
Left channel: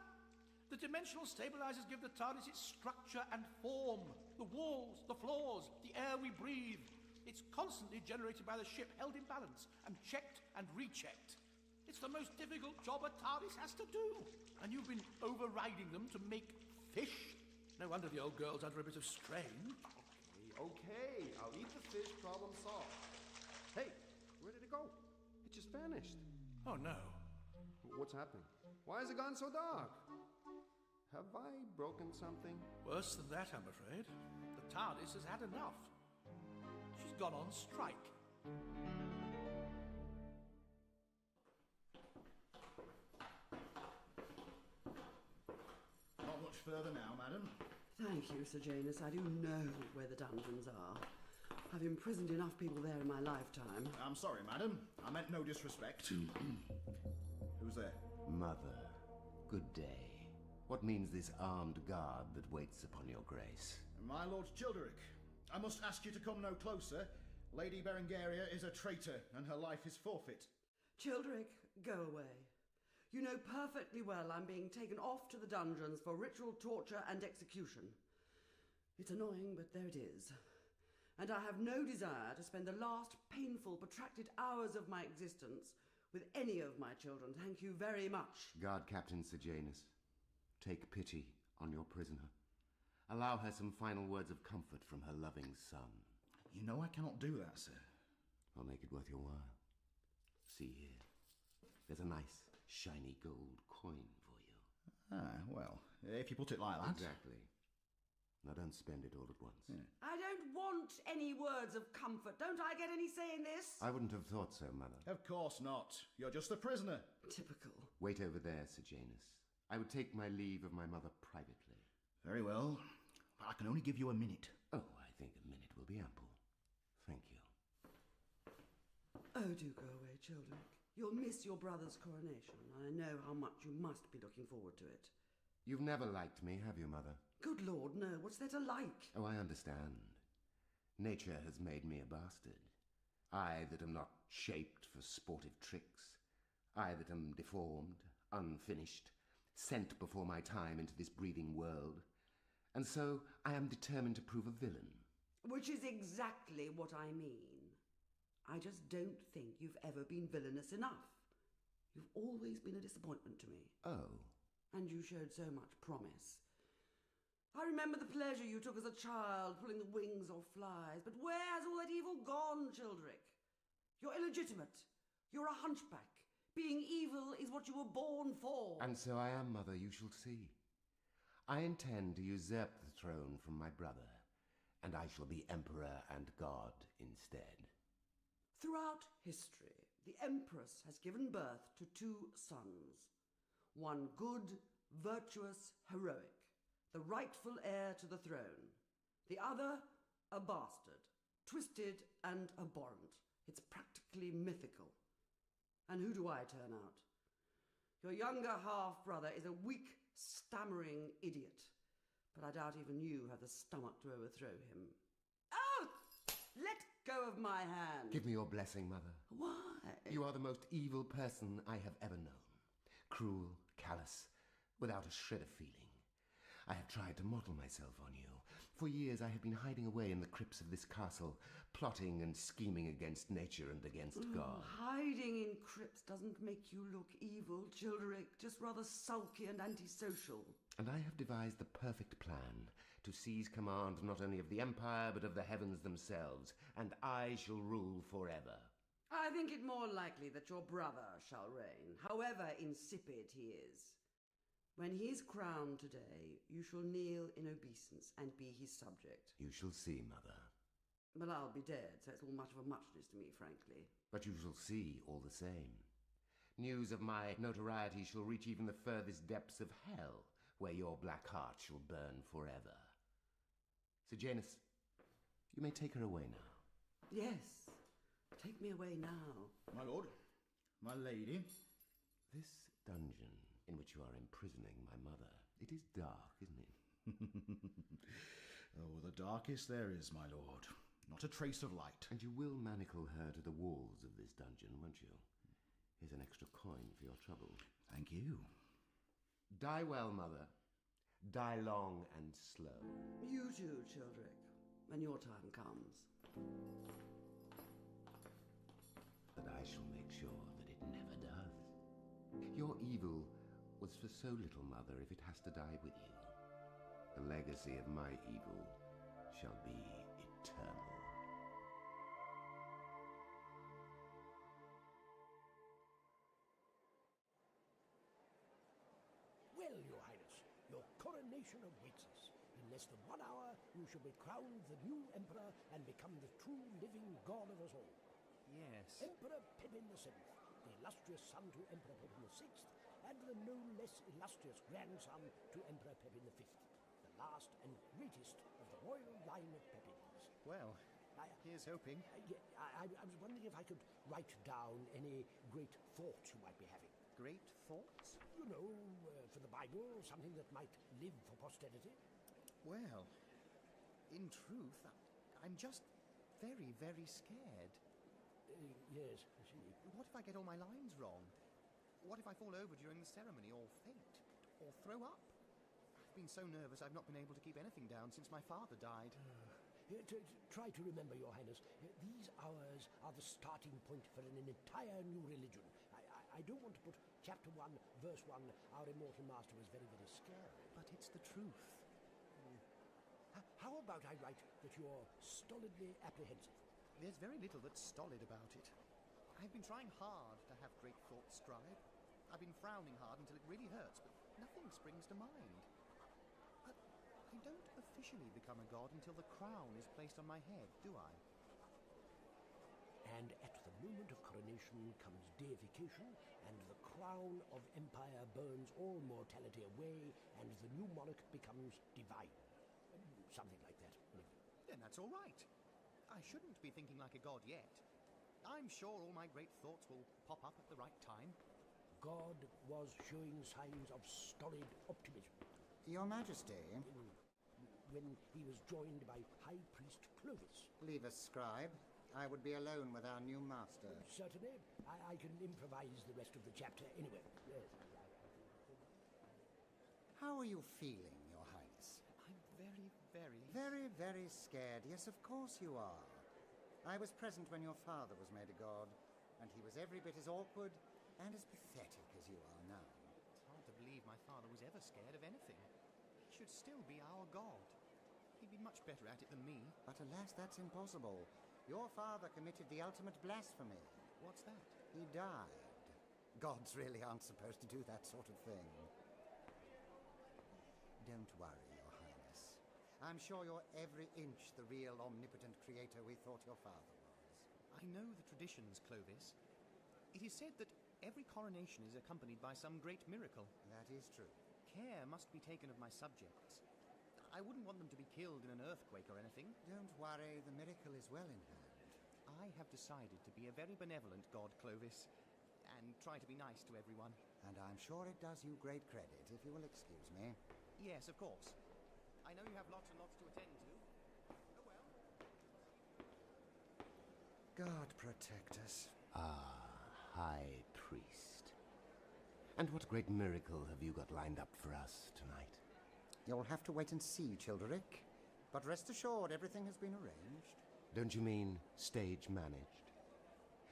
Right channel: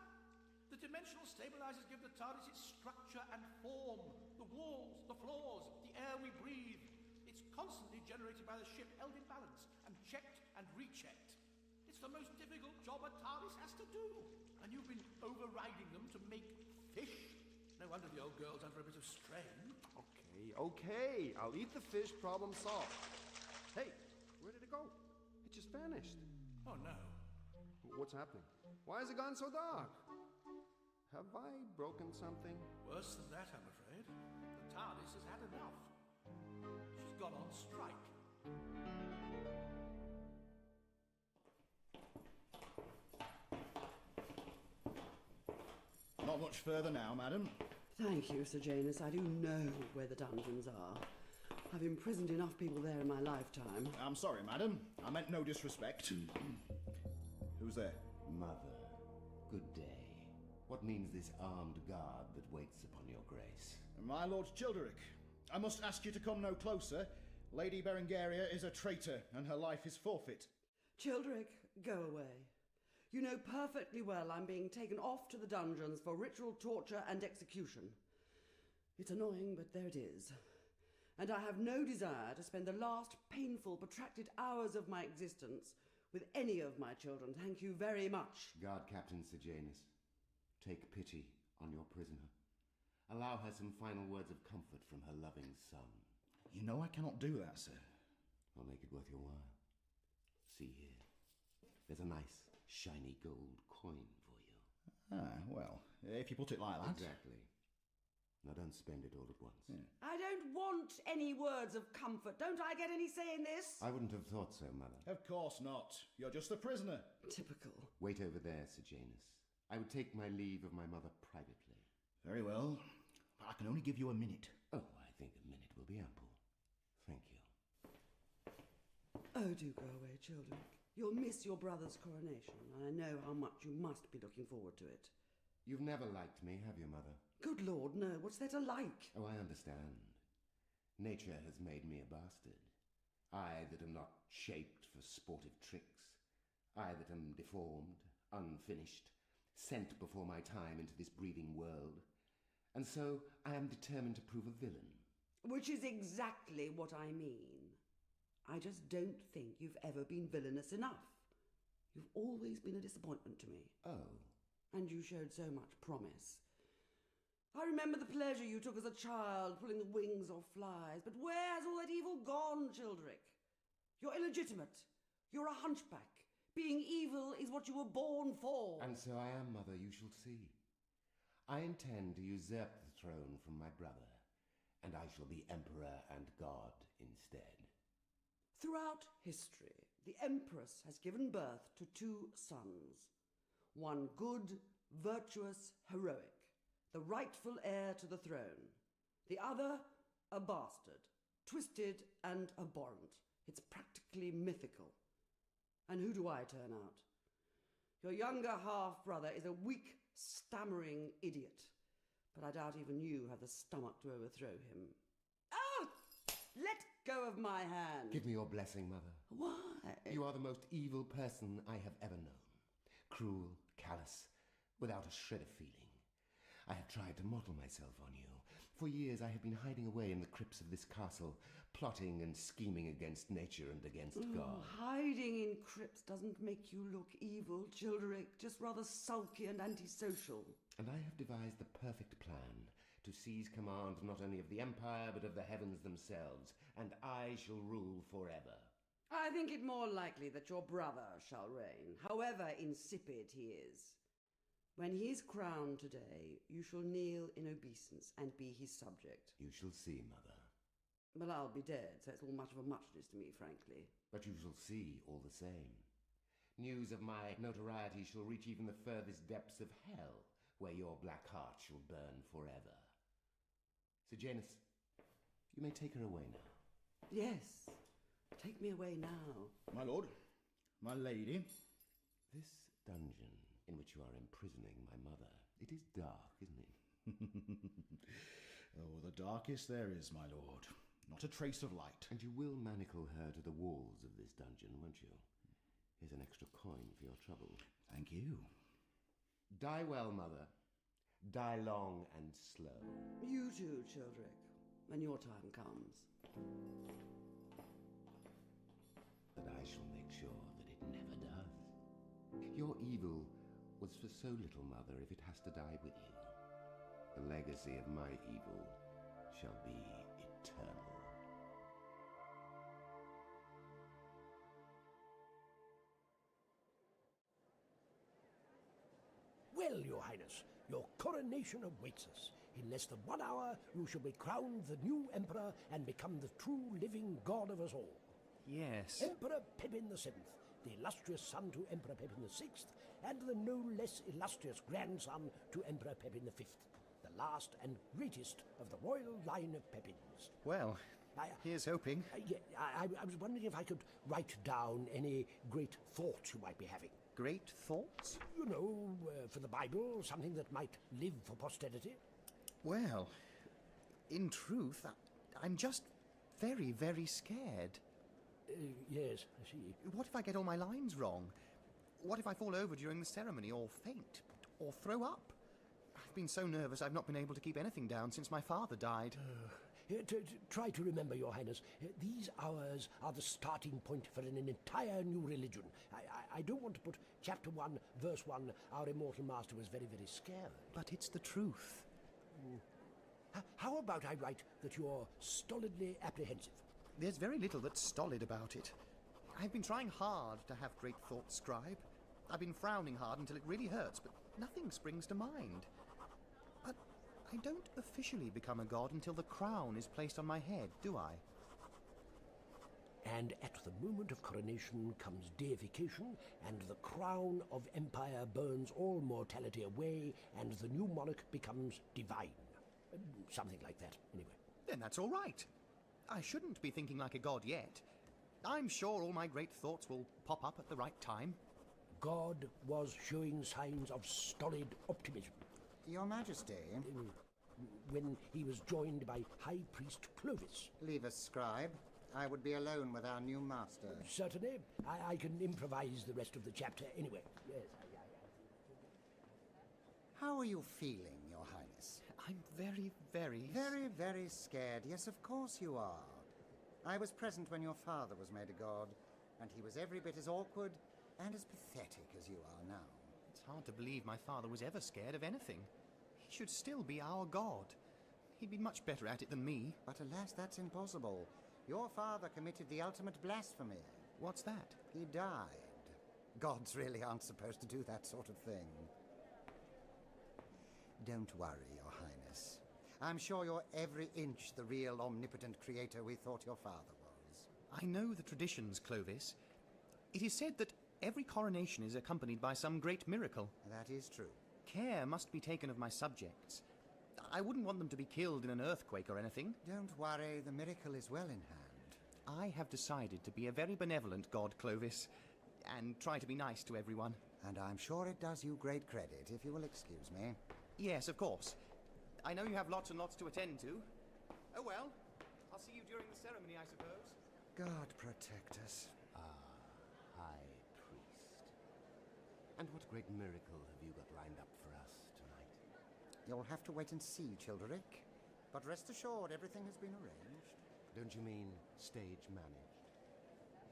The dimensional stabilizers give the TARDIS its structure and form. The walls, the floors, the air we breathe. It's constantly generated by the ship, held in balance, and checked and rechecked. It's the most difficult job a TARDIS has to do. And you've been overriding them to make fish? No wonder the old girl's under a bit of strain. Okay. I'll eat the fish, problem solved. Hey, where did it go? It just vanished. Oh, no. What's happening? Why has it gone so dark? Have I broken something? Worse than that, I'm afraid. The TARDIS has had enough. She's gone on strike. Not much further now, madam. Thank you, Sir Janus. I do know where the dungeons are. I've imprisoned enough people there in my lifetime. I'm sorry, madam. I meant no disrespect. Who's there? Mother, good day. What means this armed guard that waits upon your grace? My Lord Childeric, I must ask you to come no closer. Lady Berengaria is a traitor, and her life is forfeit. Childeric, go away. You know perfectly well I'm being taken off to the dungeons for ritual torture and execution. It's annoying, but there it is. And I have no desire to spend the last painful, protracted hours of my existence with any of my children. Thank you very much. Guard Captain Sejanus, take pity on your prisoner. Allow her some final words of comfort from her loving son. You know I cannot do that, sir. I'll make it worth your while. See here. There's a nice, shiny gold coin for you. Ah, well, if you put it like that. Exactly. Now don't spend it all at once. Yeah. I don't want any words of comfort. Don't I get any say in this? I wouldn't have thought so, Mother. Of course not. You're just a prisoner. Typical. Wait over there, Sejanus. I would take my leave of my mother privately. Very well. But I can only give you a minute. Oh, I think a minute will be ample. Thank you. Oh, do go away, children. You'll miss your brother's coronation, and I know how much you must be looking forward to it. You've never liked me, have you, Mother? Good Lord, no. What's there to like? Oh, I understand. Nature has made me a bastard. I that am not shaped for sportive tricks. I that am deformed, unfinished, sent before my time into this breathing world. And so I am determined to prove a villain. Which is exactly what I mean. I just don't think you've ever been villainous enough. You've always been a disappointment to me. Oh. And you showed so much promise. I remember the pleasure you took as a child, pulling the wings off flies. But where has all that evil gone, Childeric? You're illegitimate. You're a hunchback. Being evil is what you were born for. And so I am, Mother, you shall see. I intend to usurp the throne from my brother, and I shall be emperor and god instead. Throughout history, the Empress has given birth to two sons. One good, virtuous, heroic, the rightful heir to the throne. The other, a bastard, twisted and abhorrent. It's practically mythical. And who do I turn out? Your younger half-brother is a weak, stammering idiot. But I doubt even you have the stomach to overthrow him. Oh! Let go of my hand. Give me your blessing, Mother. Why? You are the most evil person I have ever known. Cruel, callous, without a shred of feeling. I have tried to model myself on you. For years I have been hiding away in the crypts of this castle, plotting and scheming against nature and against God. Hiding in crypts doesn't make you look evil, Childeric, just rather sulky and antisocial. And I have devised the perfect plan to seize command not only of the Empire, but of the heavens themselves, and I shall rule forever. I think it more likely that your brother shall reign, however insipid he is. When he is crowned today, you shall kneel in obeisance and be his subject. You shall see, Mother. But I'll be dead, so it's all much of a muchness to me, frankly. But you shall see all the same. News of my notoriety shall reach even the furthest depths of hell, where your black heart shall burn forever. Sir Janus, you may take her away now. Yes, take me away now. My lord, my lady. This dungeon in which you are imprisoning my mother, it is dark, isn't it? Oh, the darkest there is, my lord. Not a trace of light. And you will manacle her to the walls of this dungeon, won't you? Here's an extra coin for your trouble. Thank you. Die well, Mother. Die long and slow. You too, Childeric, when your time comes. But I shall make sure that it never does. Your evil was for so little, Mother, if it has to die with you. The legacy of my evil shall be eternal. Well, Your Highness, your coronation awaits us. In less than 1 hour, you shall be crowned the new Emperor and become the true living god of us all. Yes. Emperor Pippin VII, the illustrious son to Emperor Pippin VI, and the no less illustrious grandson to Emperor Pippin V, the last and greatest of the royal line of Pippins. Well, here's hoping. I was wondering if I could write down any great thoughts you might be having. Great thoughts? You know, for the Bible, something that might live for posterity. Well, in truth, I'm just very, very scared. Yes, I see. What if I get all my lines wrong? What if I fall over during the ceremony, or faint, or throw up? I've been so nervous I've not been able to keep anything down since my father died. Try to remember, Your Highness, these hours are the starting point for an entire new religion. I don't want to put chapter 1, verse 1, our immortal master was very, very scared. But it's the truth. How about I write that you're stolidly apprehensive? There's very little that's stolid about it. I've been trying hard to have great thoughts, Scribe. I've been frowning hard until it really hurts, but nothing springs to mind. But I don't officially become a god until the crown is placed on my head, do I? And at the moment of coronation comes deification, and the crown of empire burns all mortality away, and the new monarch becomes divine. Something like that, anyway. Then that's all right. I shouldn't be thinking like a god yet. I'm sure all my great thoughts will pop up at the right time. God was showing signs of stolid optimism. Your Majesty? When he was joined by High Priest Clovis. Leave us, Scribe. I would be alone with our new master. Certainly. I can improvise the rest of the chapter anyway. Yes, How are you feeling, Your Highness? I'm very, very... Very, very scared. Yes, of course you are. I was present when your father was made a god, and he was every bit as awkward and as pathetic as you are now. It's hard to believe my father was ever scared of anything. He should still be our god. He'd be much better at it than me. But alas, that's impossible. Your father committed the ultimate blasphemy. What's that? He died. Gods really aren't supposed to do that sort of thing. Don't worry, Your Highness. I'm sure you're every inch the real omnipotent creator we thought your father was. I know the traditions, Clovis. It is said that every coronation is accompanied by some great miracle. That is true. Care must be taken of my subjects. I wouldn't want them to be killed in an earthquake or anything. Don't worry, the miracle is well in hand. I have decided to be a very benevolent god, Clovis, and try to be nice to everyone. And I'm sure it does you great credit, if you will excuse me. Yes, of course. I know you have lots and lots to attend to. Oh well, I'll see you during the ceremony God protect us. Ah, High Priest. And what great miracle have you got lined up for us tonight? You'll have to wait and see, Childeric. But rest assured, everything has been arranged. Don't you mean stage managed?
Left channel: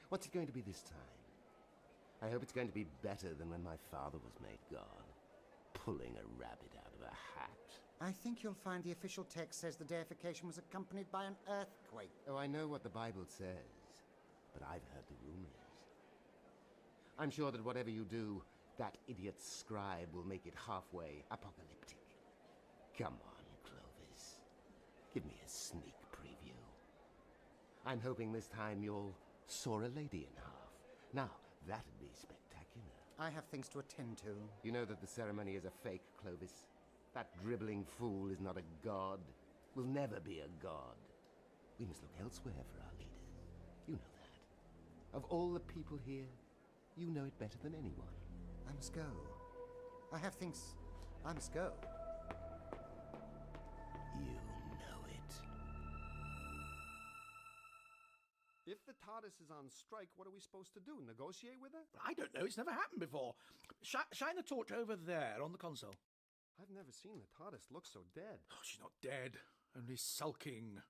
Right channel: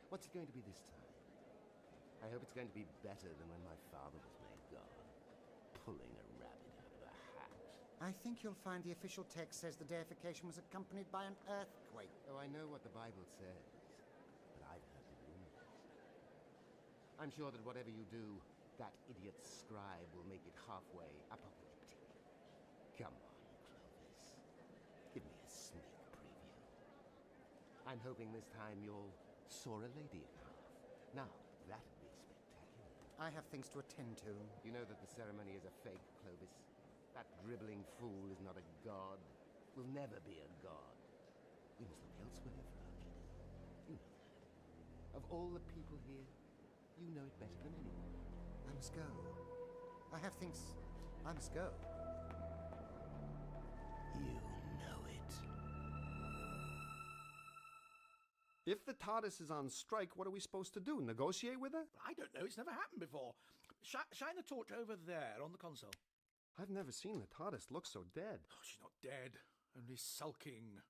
What's it going to be this time? I hope it's going to be better than when my father was made god, pulling a rabbit out of a hat. I think you'll find the official text says the deification was accompanied by an earthquake. Oh, I know what the Bible says, but I've heard the rumors. I'm sure that whatever you do, that idiot scribe will make it halfway apocalyptic. Come on, Clovis. Give me a sneak preview. I'm hoping this time you'll saw a lady in half. Now, that'd be spectacular. I have things to attend to. You know that the ceremony is a fake, Clovis. That dribbling fool is not a god. Will never be a god. We must look elsewhere for our leaders. You know that. Of all the people here, you know it better than anyone. I must go. I have things. I must go. You know it. If the TARDIS is on strike, what are we supposed to do? Negotiate with her? I don't know. It's never happened before. Shine the torch over there on the console. I've never seen the TARDIS look so dead. Oh, she's not dead. Only sulking.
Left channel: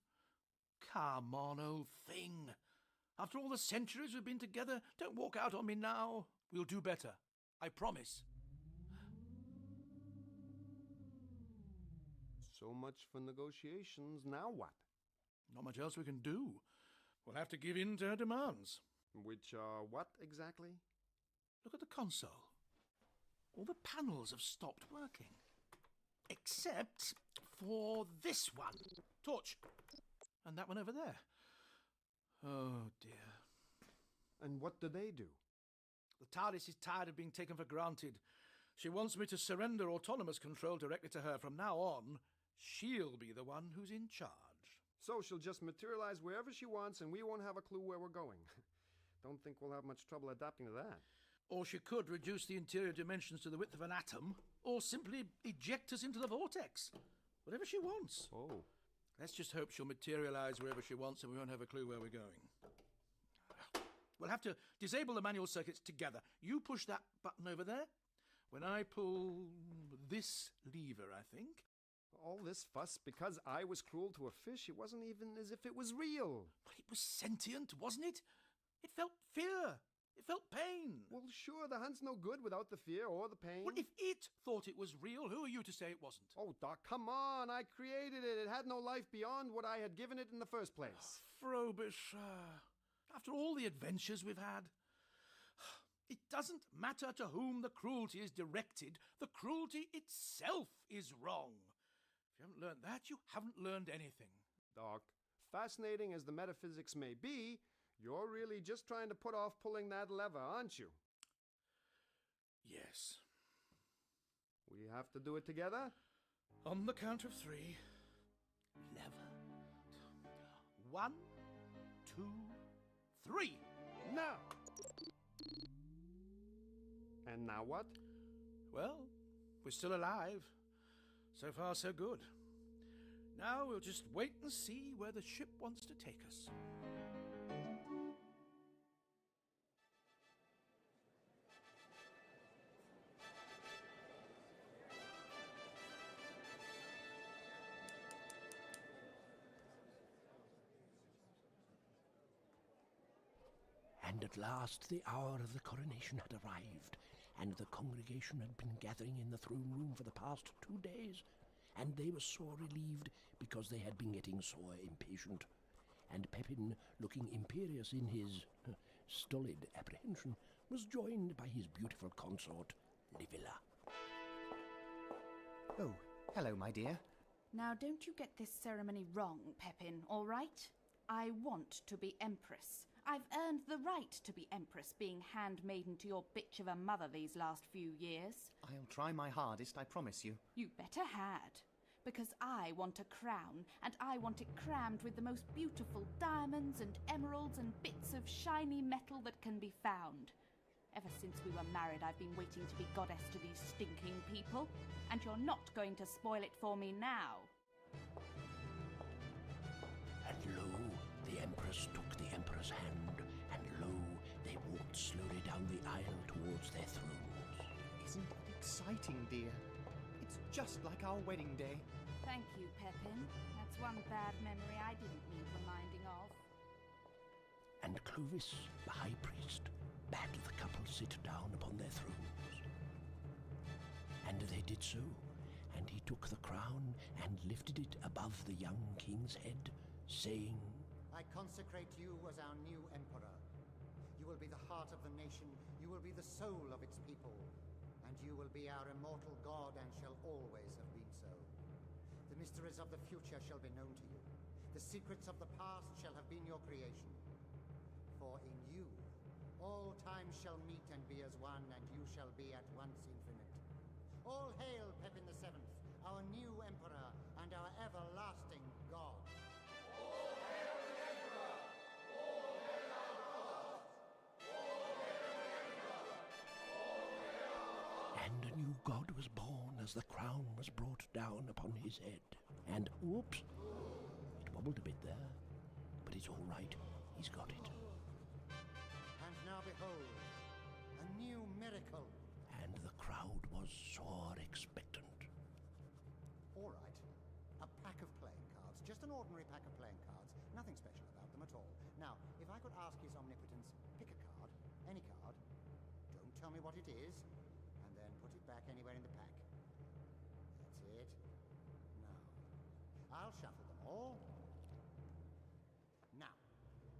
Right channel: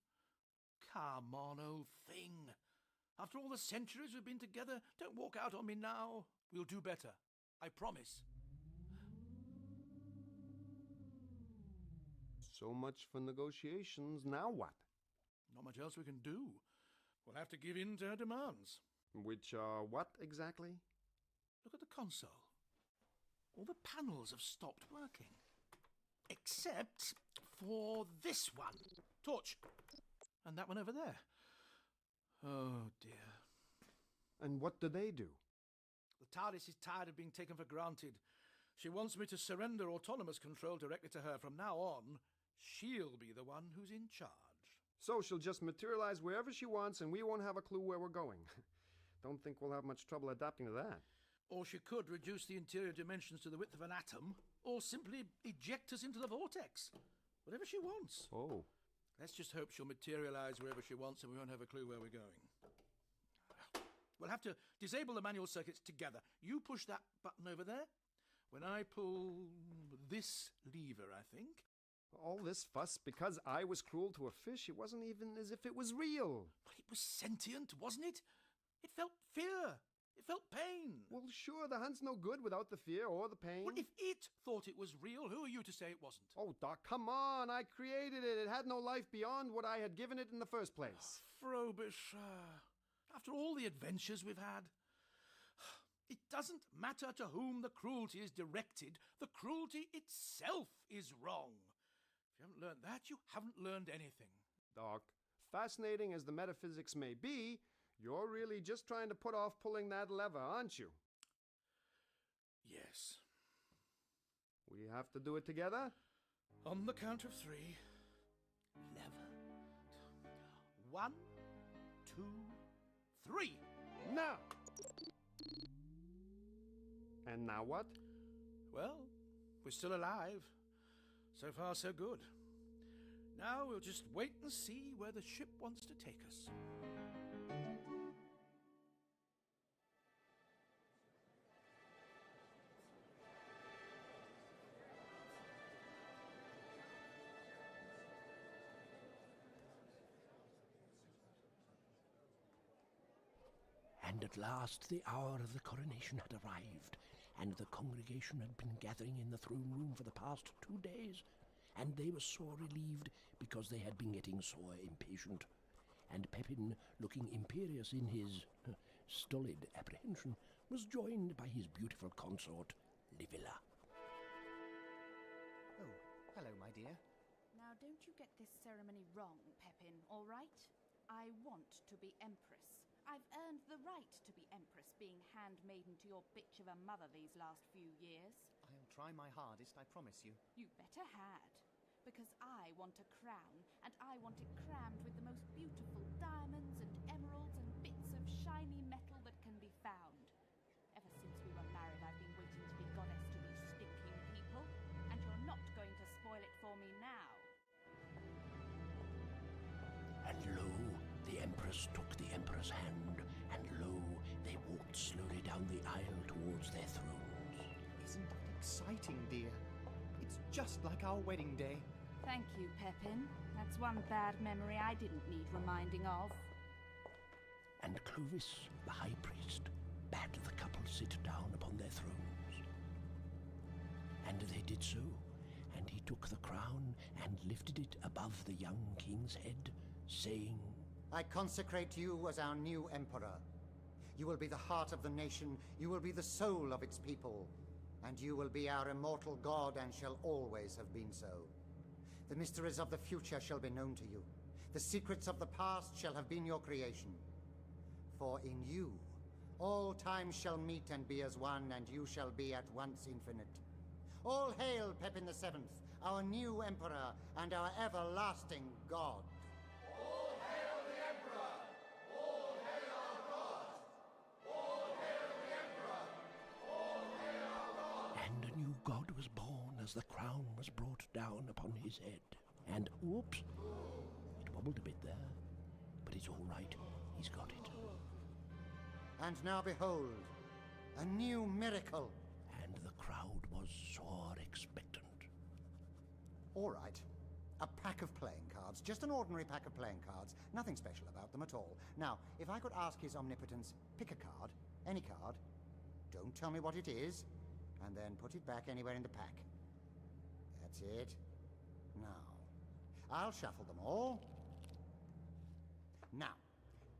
Come on, old thing. After all the centuries we've been together, don't walk out on me now. We'll do better. I promise. So much for negotiations. Now what? Not much else we can do. We'll have to give in to her demands. Which are what exactly? Look at the console. All the panels have stopped working. Except for this one. Torch. And that one over there. Oh, dear. And what do they do? The TARDIS is tired of being taken for granted. She wants me to surrender autonomous control directly to her. From now on, she'll be the one who's in charge. So she'll just materialize wherever she wants and we won't have a clue where we're going. Don't think we'll have much trouble adapting to that. Or she could reduce the interior dimensions to the width of an atom, or simply eject us into the vortex. Whatever she wants. Oh. Let's just hope she'll materialize wherever she wants and we won't have a clue where we're going. We'll have to disable the manual circuits together. You push that button over there. When I pull this lever, I think. All this fuss because I was cruel to a fish? It wasn't even as if it was real. But it was sentient, wasn't it? It felt fear. It felt pain. Well, sure, the hunt's no good without the fear or the pain. Well, if it thought it was real, who are you to say it wasn't? Oh, Doc, come on. I created it. It had no life beyond what I had given it in the first place. Frobisher, after all the adventures we've had, it doesn't matter to whom the cruelty is directed. The cruelty itself is wrong. If you haven't learned that, you haven't learned anything. Doc, fascinating as the metaphysics may be, you're really just trying to put off pulling that lever, aren't you? Yes. We have to do it together? On the count of 3. Lever. 1, 2, 3. Now! And now what? Well, we're still alive. So far, so good. Now we'll just wait and see where the ship wants to take us. And at last the hour of the coronation had arrived, and the congregation had been gathering in the throne room for the past 2 days, and they were sore relieved because they had been getting sore impatient. And Pepin, looking imperious in his stolid apprehension, was joined by his beautiful consort, Livilla. Oh, hello, my dear. Now, don't you get this ceremony wrong, Pepin, all right? I want to be Empress. I've earned the right to be Empress, being handmaiden to your bitch of a mother these last few years. I'll try my hardest, I promise you. You better had. Because I want a crown, and I want it crammed with the most beautiful diamonds and emeralds and bits of shiny metal that can be found. Ever since we were married, I've been waiting to be goddess to these stinking people, and you're not going to spoil it for me now. And lo, The Empress took the Emperor's hand, and lo, they walked slowly down the aisle towards their thrones. Isn't it exciting, dear? It's just like our wedding day. Thank you, Pepin. That's one bad memory I didn't need reminding of. And Clovis, the High Priest, bade the couple sit down upon their thrones. And they did so, and he took the crown and lifted it above the young king's head, saying, I consecrate you as our new emperor. You will be the heart of the nation, you will be the soul of its people, and you will be our immortal god and shall always have been so. The mysteries of the future shall be known to you. The secrets of the past shall have been your creation. For in you, all time shall meet and be as one, and you shall be at once infinite. All hail Pepin the Seventh, our new emperor and our everlasting god. All hail the Emperor! All hail our god! All hail the Emperor! All hail our god! And a new god was born as the crown was brought down upon his head. And, whoops, it wobbled a bit there. But it's all right, he's got it. And now behold, a new miracle. And the crowd was sore expectant. All right, a pack of playing cards, just an ordinary pack of playing cards, nothing special about them at all. Now, if I could ask His Omnipotence, pick a card, any card, don't tell me what it is, and then put it back anywhere in the pack. That's it. Now, I'll shuffle them all. Now,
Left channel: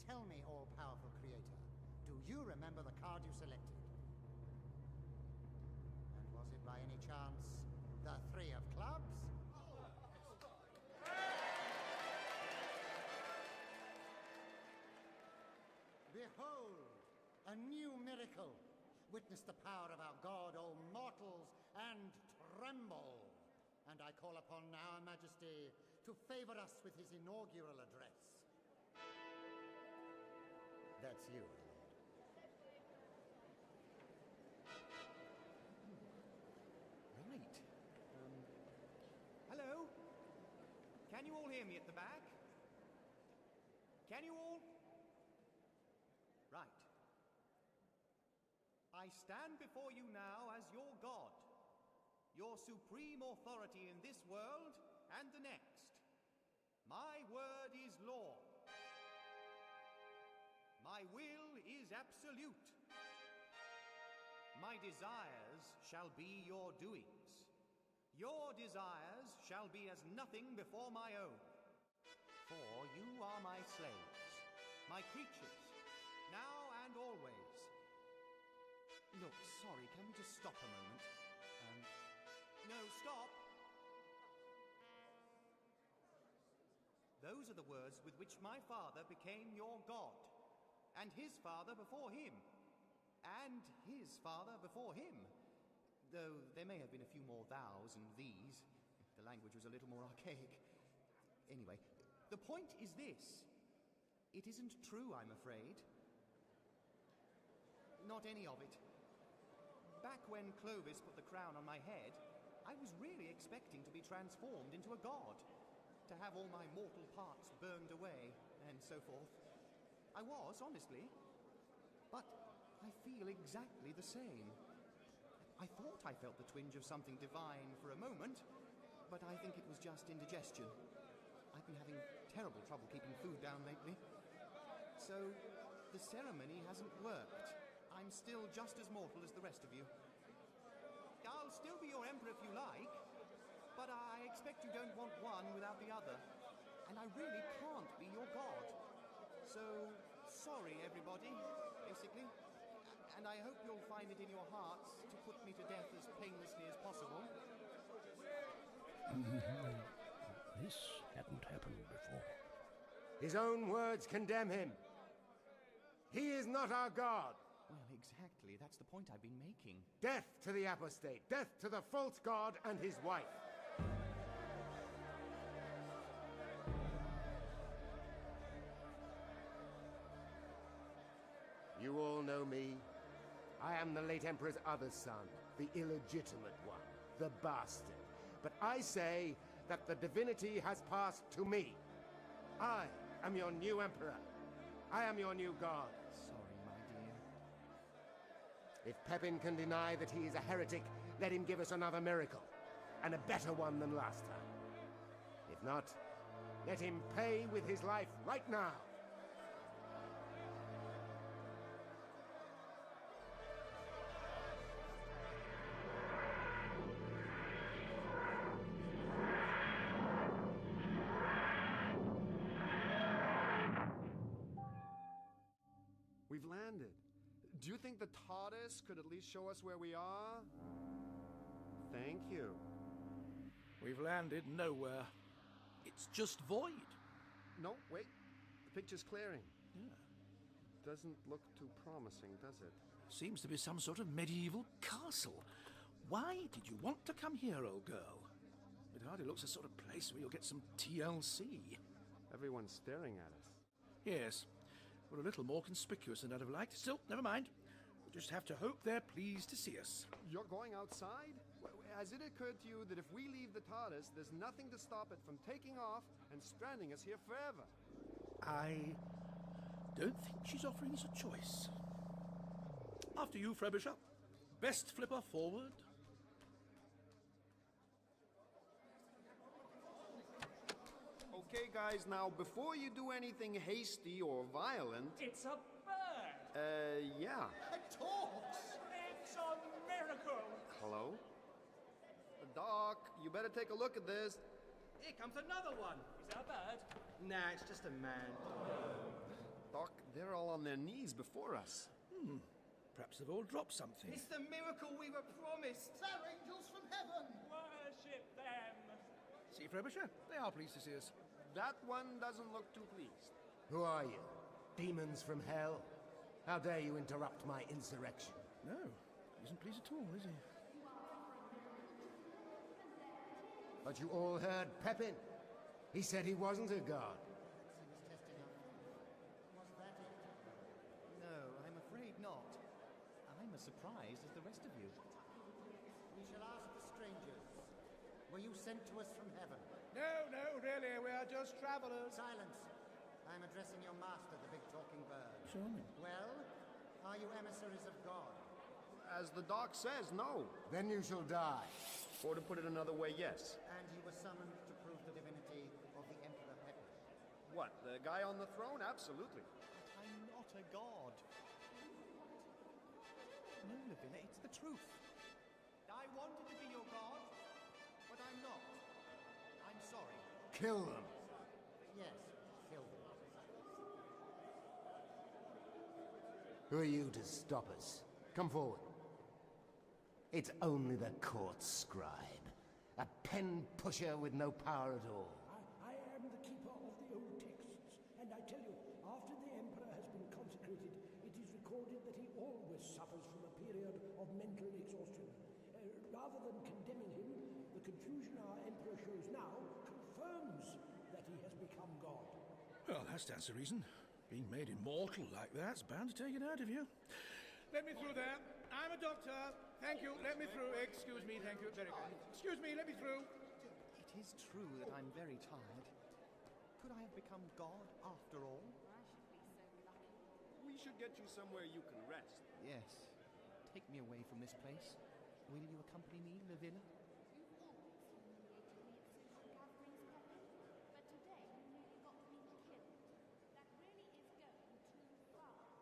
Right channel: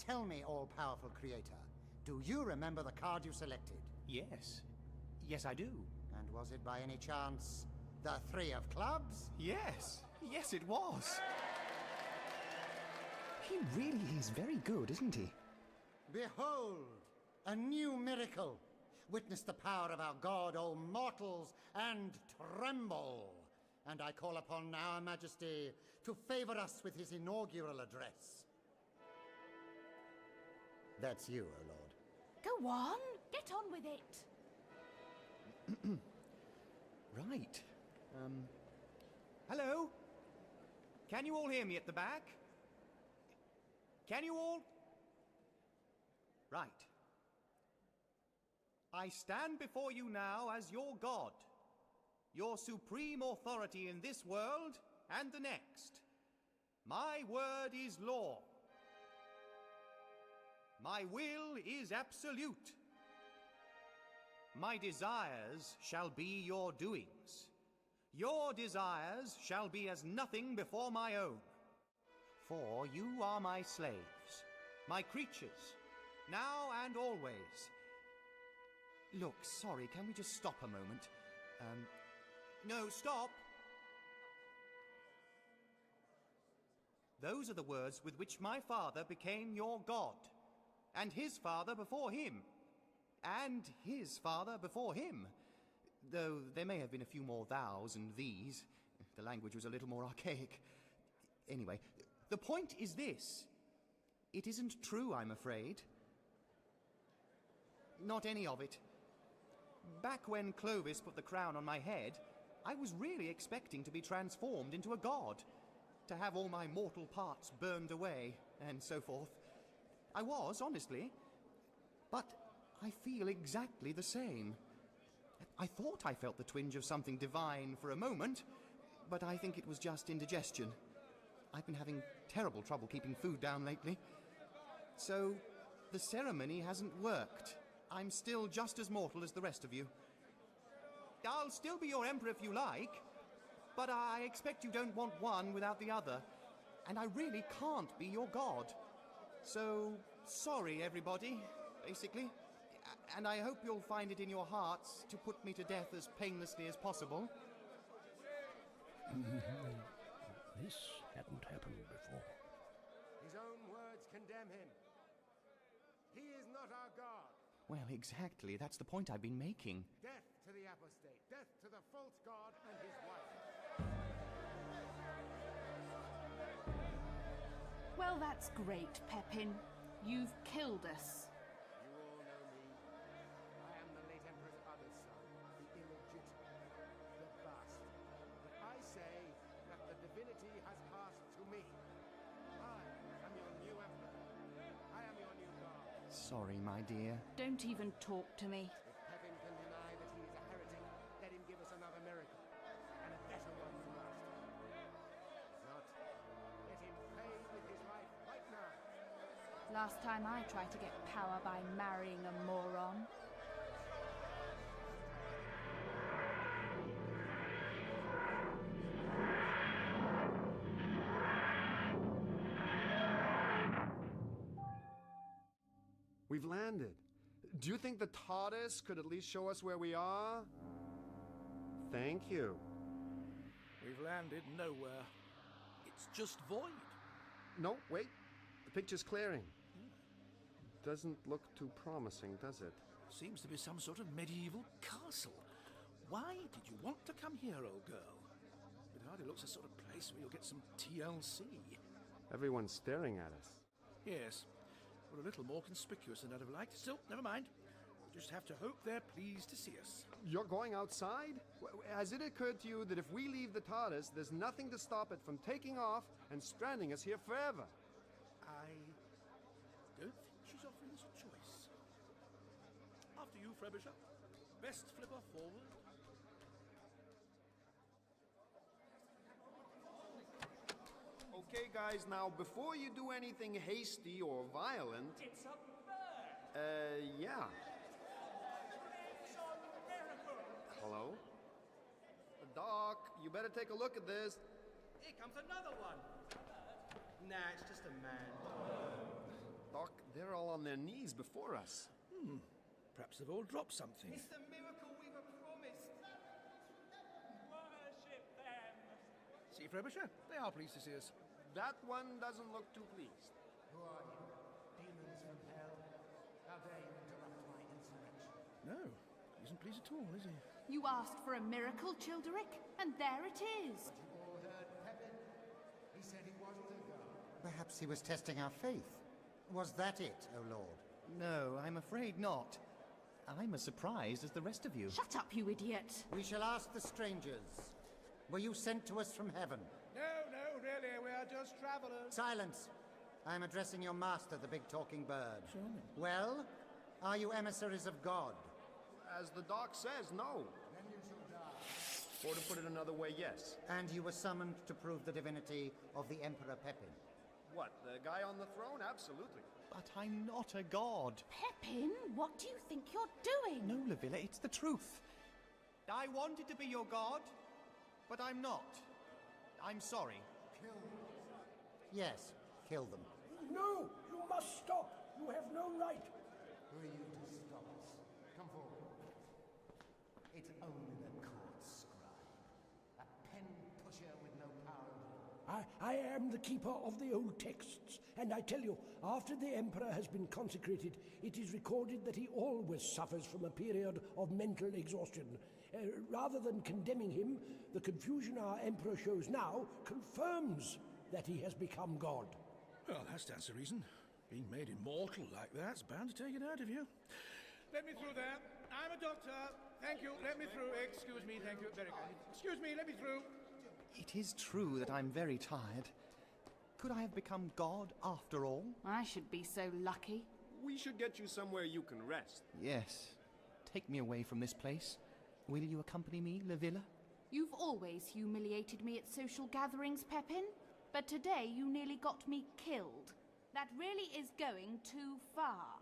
tell me, all-powerful creator, do you remember the card you selected? Yes. Yes, I do. And was it by any chance the Three of Clubs? Yes. Yes, it was. He really is very good, isn't he? Behold, a new miracle. Witness the power of our God, O mortals, and tremble. And I call upon our Majesty to favor us with his inaugural address. That's you, O Lord. Go on, get on with it. Right. Hello? Can you all hear me at the back? Can you all? Right. I stand before you now as your God, your supreme authority in this world and the next. My word is law. My will is absolute. My desires shall be your doings. Your desires shall be as nothing before my own. For you are my slaves, my creatures, now and always. Look, sorry, can we just stop a moment? No, stop! Those are the words with which my father became your God, and his father before him, and his father before him. Though there may have been a few more thous and these. The language was a little more archaic. Anyway, the point is this. It isn't true, I'm afraid. Not any of it. Back when Clovis put the crown on my head, I was really expecting to be transformed into a god, to have all my mortal parts burned away, and so forth. I was, honestly. But I feel exactly the same. I thought I felt the twinge of something divine for a moment, but I think it was just indigestion. I've been having terrible trouble keeping food down lately. So, the ceremony hasn't worked. I'm still just as mortal as the rest of you. I'll still be your emperor if you like, but I expect you don't want one without the other, and I really can't be your god. So, sorry everybody, basically. And I hope you'll find it in your hearts to put me to death as painlessly as possible. This hadn't happened before. His own words condemn him. He is not our god. Well, exactly. That's the point I've been making. Death to the apostate. Death to the false god and his wife. Well, that's great, Pepin. You've killed us. You all know me. I am the late Emperor's other son, the illegitimate one, the bastard. But I say that the divinity has passed to me. I am your new emperor. I am your new god. Sorry, my dear. Don't even talk to me. If Pepin can deny that he is a heretic, let him give us another miracle. And a better one than last time. If not, let him pay with his life right now. Last time I tried to get power by marrying a moron. We've landed. Do you think the TARDIS could at least show us where we are? Thank you. We've landed nowhere. It's just void. No, wait. The picture's clearing. Doesn't look too promising, does it? Seems to be some sort of medieval castle. Why did you want to come here, old girl? It hardly looks a sort of place where you'll get some TLC. Everyone's staring at us. Yes. We're a little more conspicuous than I'd have liked. Still, never mind. We just have to hope they're pleased to see us. You're going outside? Has it occurred to you that if we leave the TARDIS, there's nothing to stop it from taking off and stranding us here forever? I don't think she's offering us a choice. After you, Frobisher. Best flipper forward. Okay, guys, now, before you do anything hasty or violent... It's a bird! Yeah. It talks! It's a miracle! Hello? Doc, you better take a look at this. Here comes another one. Is that a bird? Nah, it's just a man. Doc, they're all on their knees before us. Perhaps they've all dropped something. It's the miracle we were promised. They're angels from heaven! Worship them! See, Frobisher? They are pleased to see us. That one doesn't look too pleased. Who are you? Demons from hell? How dare you interrupt my insurrection? No, he isn't pleased at all, is he? You asked for a miracle, Childeric, and there it is. But you all heard Pepin. He said he wasn't a god. Perhaps he was testing our faith. Was that it, O Lord? No, I'm afraid not. I'm as surprised as the rest of you. Shut up, you idiot. We shall ask the strangers. Were you sent to us from heaven? No, really, we are just travelers. Silence. I'm addressing your master, the big talking bird. Charming. Well, are you emissaries of God? As the doc says, no. Then you shall die. Or to put it another way, yes. And you were summoned to prove the divinity of the Emperor Pepin? What, the guy on the throne? Absolutely. But I'm not a god. Pepin, what do you think you're doing? No, Lavilla, it's the truth. I wanted to be your god, but I'm not. I'm sorry. Kill them. Yes, kill them. No, you must stop. You have no right. Who are you to stop us? Come forward. It's only the court scribe. A pen pusher with no power at all. I am the keeper of the old texts, and I tell you, after the Emperor has been consecrated, it is recorded that he always suffers from a period of mental exhaustion. Rather than condemning him, the confusion our Emperor shows now confirms that he has become God. Well, that stands to reason. Being made immortal like that's bound to take it out of you. Let me through there. I'm a doctor. Thank you. Let me through. Excuse me. Thank you. Very good. Excuse me. Let me through. It is true that I'm very tired. Could I have become God after all? I should be so lucky. We should get you somewhere you can rest. Yes. Take me away from this place. Will you accompany me, Lavilla? You've always humiliated me at social gatherings, Pepin. But today you nearly got me killed. That really is going too far.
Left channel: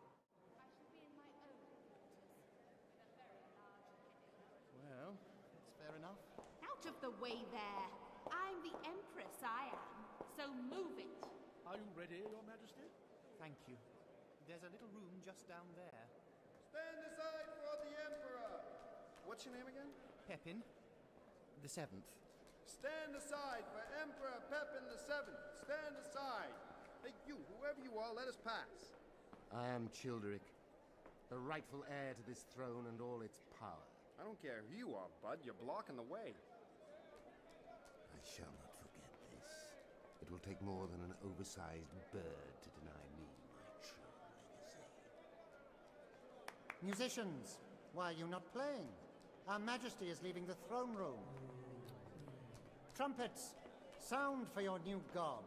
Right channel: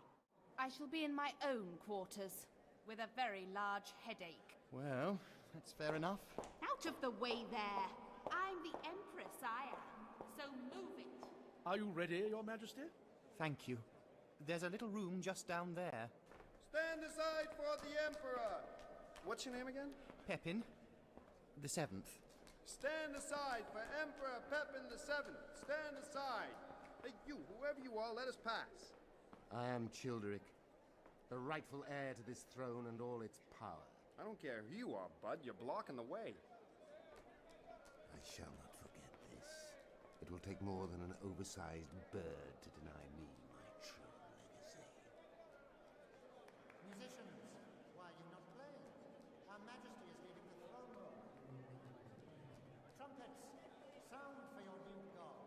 I shall be in my own quarters, with a very large headache. Well, that's fair enough. Out of the way there! I'm the Empress, I am. So move it. Are you ready, Your Majesty? Thank you. There's a little room just down there. Stand aside for the Emperor! What's your name again? Pepin, the 7th. Stand aside for Emperor Pepin the 7th. Stand aside. Hey, you, whoever you are, let us pass. I am Childeric, the rightful heir to this throne and all its power. I don't care who you are, bud. You're blocking the way. I shall not forget this. It will take more than an oversized bird to deny me my true legacy. Musicians, why are you not playing? Our Majesty is leaving the throne room. Trumpets, sound for your new god.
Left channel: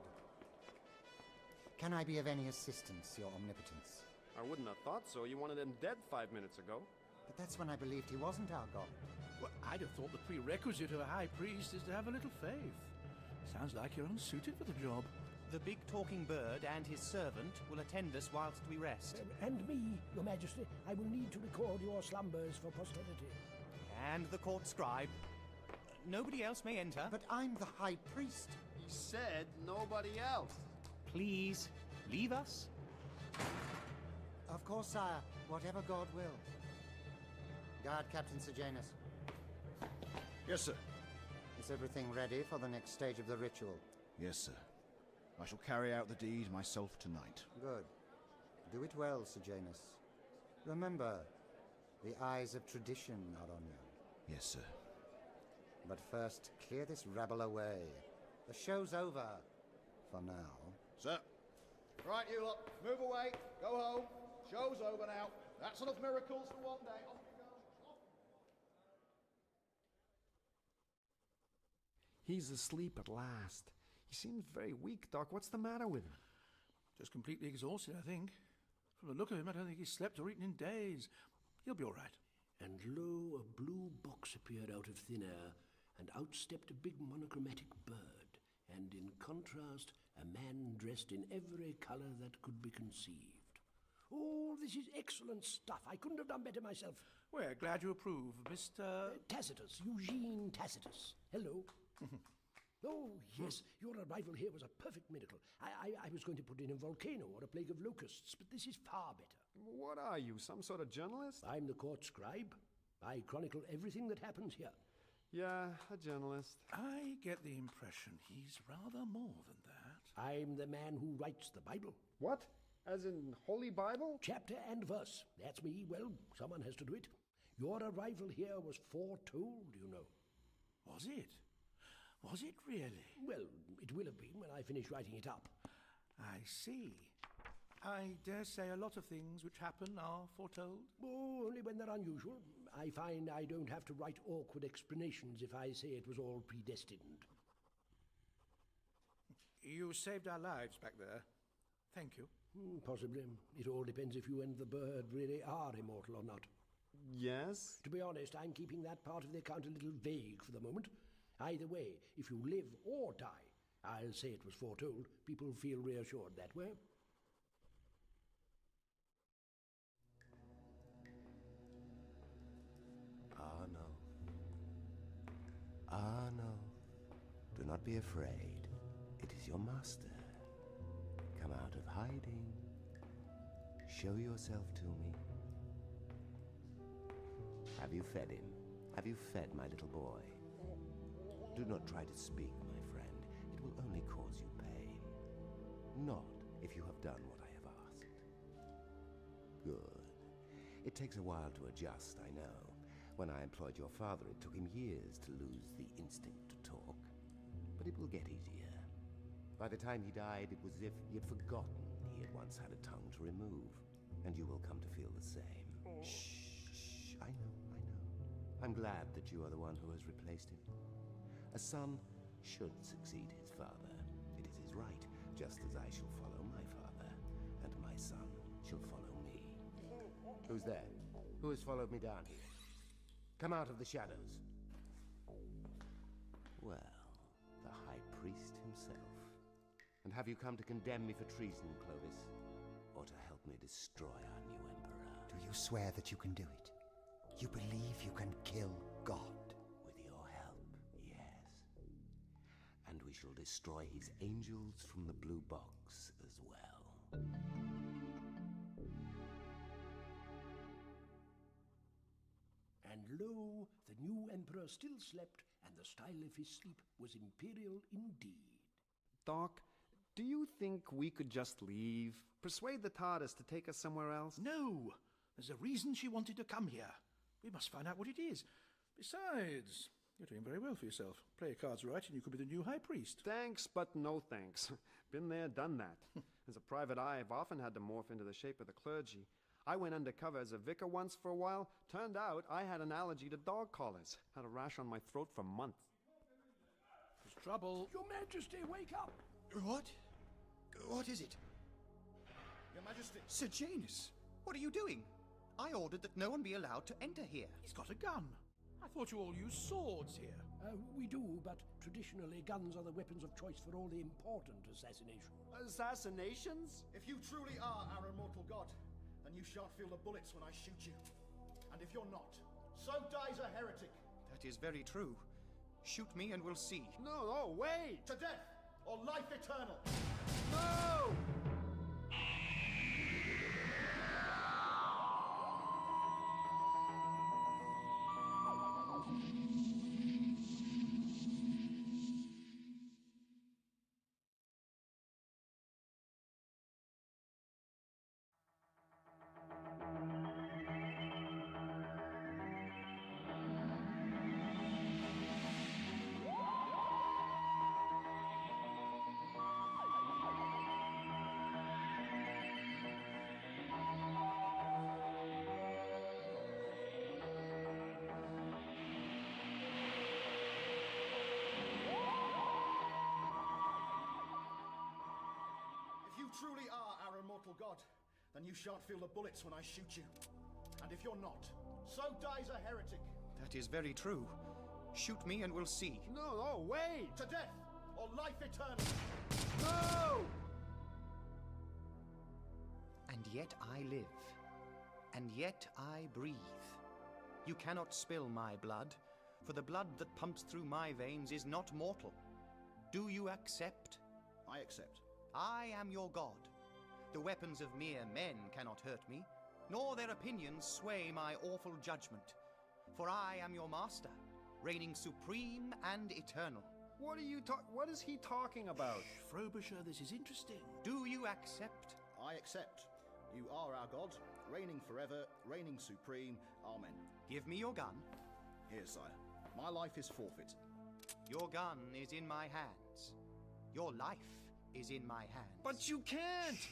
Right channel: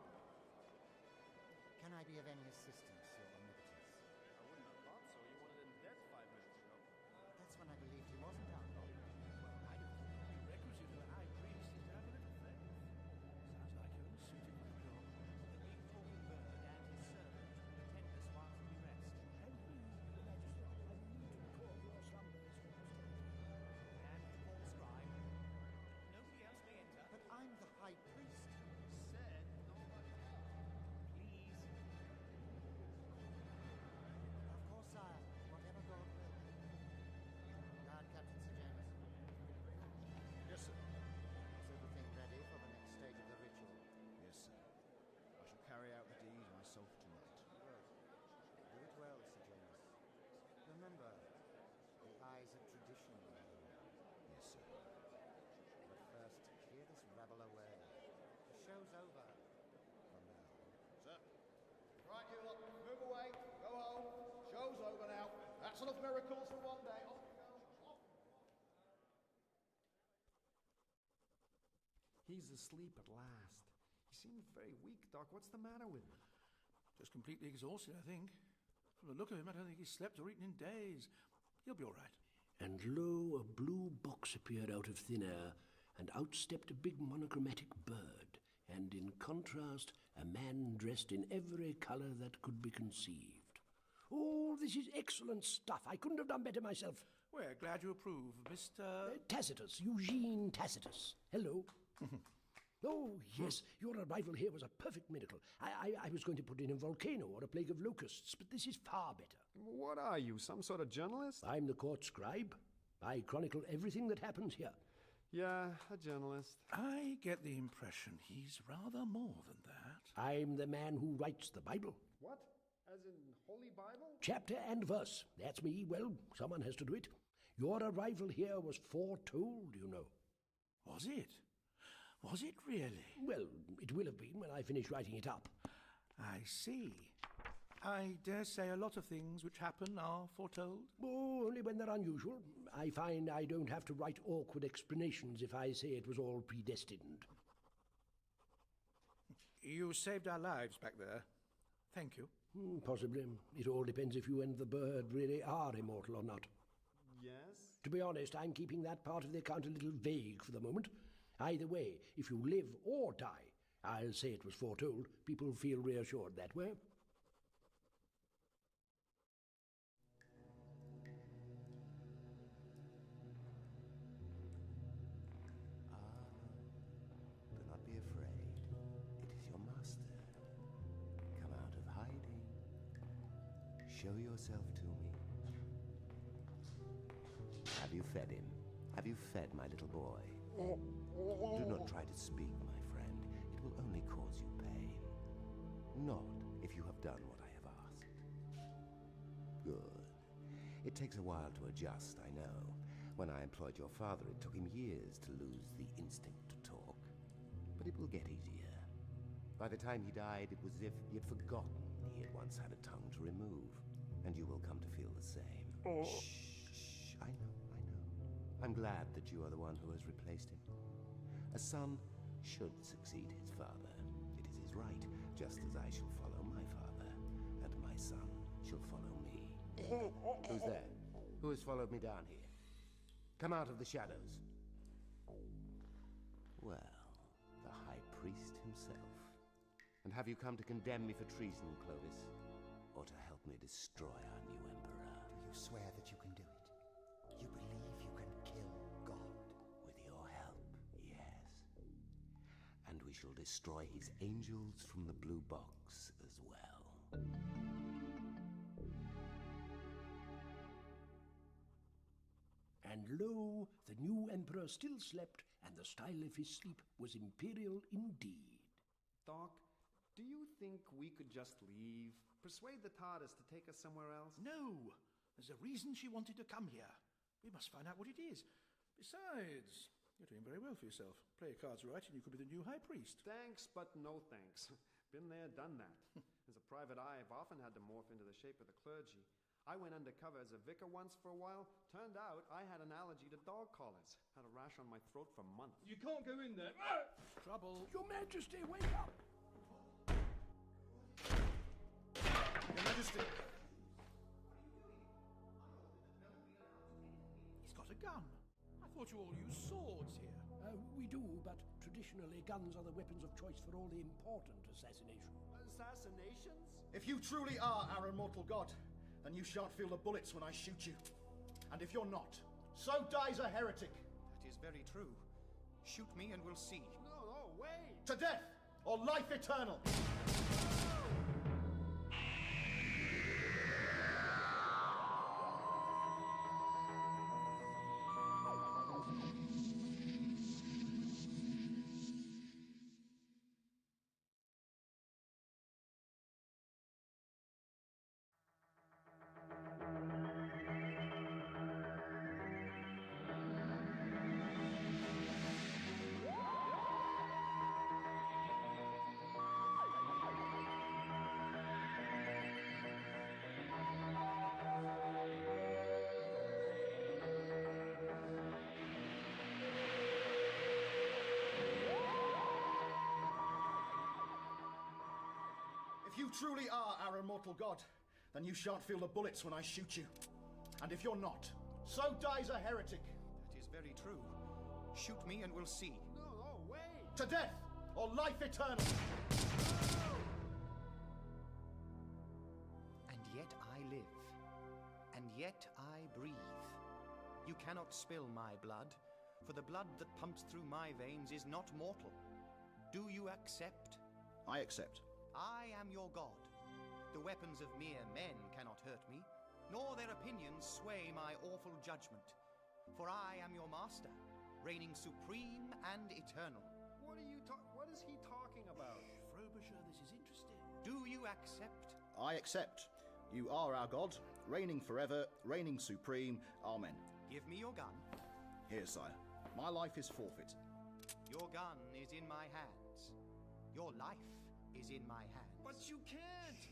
Can I be of any assistance, Your Omnipotence? I wouldn't have thought so. You wanted him dead 5 minutes ago. But that's when I believed he wasn't our god. Well, I'd have thought the prerequisite of a high priest is to have a little faith. Sounds like you're unsuited for the job. The big talking bird and his servant will attend us whilst we rest. And me, Your Majesty, I will need to record your slumbers for posterity. And the court scribe. Nobody else may enter. But I'm the high priest. He said nobody else. Please, leave us. Of course, sire. Whatever God will. Guard Captain Sejanus. Yes, sir. Is everything ready for the next stage of the ritual? Yes, sir. I shall carry out the deed myself tonight. Good. Do it well, Sejanus. Remember, the eyes of tradition are on you. Yes, sir. But first, clear this rabble away. The show's over. For now. Sir. Right, you lot. Move away. Go home. Show's over now. That's enough miracles for one day. Off you go. Off. He's asleep at last. He seems very weak, Doc. What's the matter with him? Just completely exhausted, I think. From the look of him, I don't think he's slept or eaten in days. He'll be all right. And lo, a blue box appeared out of thin air, and out stepped a big monochromatic bird, and in contrast, a man dressed in every colour that could be conceived. Oh, this is excellent stuff. I couldn't have done better myself. We're glad you approve, Mr. Tacitus, Eugene Tacitus. Hello. Oh, yes, your arrival here was a perfect miracle. I was going to put in a volcano or a plague of locusts, but this is far better. What are you, some sort of journalist? I'm the court scribe. I chronicle everything that happens here. Yeah, a journalist. I get the impression he's rather more than that. I'm the man who writes the Bible. What? As in Holy Bible? Chapter and verse. That's me. Well, someone has to do it. Your arrival here was foretold, you know. Was it? Was it really? Well, it will have been when I finish writing it up. I see. I dare say a lot of things which happen are foretold. Oh, only when they're unusual. I find I don't have to write awkward explanations if I say it was all predestined. You saved our lives back there. Thank you. Possibly. It all depends if you and the bird really are immortal or not. Yes? To be honest, I'm keeping that part of the account a little vague for the moment. Either way, if you live or die, I'll say it was foretold. People feel reassured that way. Ah, no. Ah, no. Do not be afraid. It is your master. Come out of hiding. Show yourself to me. Have you fed him? Have you fed my little boy? Do not try to speak, my friend. It will only cause you pain. Not if you have done what I have asked. Good. It takes a while to adjust, I know. When I employed your father, it took him years to lose the instinct to talk. But it will get easier. By the time he died, it was as if he had forgotten he had once had a tongue to remove. And you will come to feel the same. Shh. I know. I'm glad that you are the one who has replaced him. A son should succeed his father. It is his right, just as I shall follow my father, and my son shall follow me. Who's there? Who has followed me down here? Come out of the shadows. Well, the High Priest himself. And have you come to condemn me for treason, Clovis? Or to help me destroy our new emperor? Do you swear that you can do it? You believe you can kill God? With your help, yes. And we shall destroy his angels from the blue box as well. And lo, the new emperor still slept, and the style of his sleep was imperial indeed. Doc, do you think we could just leave? Persuade the TARDIS to take us somewhere else? No! There's a reason she wanted to come here. We must find out what it is. Besides, you're doing very well for yourself. Play your cards right and you could be the new High Priest. Thanks, but no thanks. Been there, done that. As a private eye, I've often had to morph into the shape of the clergy. I went undercover as a vicar once for a while. Turned out I had an allergy to dog collars. Had a rash on my throat for months. You can't go in there. There's trouble. Your Majesty, wake up! What? What is it? Your Majesty. Sir Janus, what are you doing? I ordered that no one be allowed to enter here. He's got a gun. I thought you all used swords here. We do, but traditionally guns are the weapons of choice for all the important assassinations. Assassinations? If you truly are our immortal god, then you shan't feel the bullets when I shoot you. And if you're not, so dies a heretic. That is very true. Shoot me and we'll see. No, wait! To death, or life eternal! No! If you truly are our immortal god, then you shan't feel the bullets when I shoot you. And if you're not, so dies a heretic. That is very true. Shoot me and we'll see. No, wait! To death, or life eternal! No! And yet I live. And yet I breathe. You cannot spill my blood, for the blood that pumps through my veins is not mortal. Do you accept? I accept. I am your god. The weapons of mere men cannot hurt me, nor their opinions sway my awful judgment. For I am your master, reigning supreme and eternal. What is he talking about? Frobisher, this is interesting. Do you accept? I accept. You are our god, reigning forever, reigning supreme. Amen. Give me your gun. Here, sire. My life is forfeit. Your gun is in my hands. Your life is in my hands. But you can't!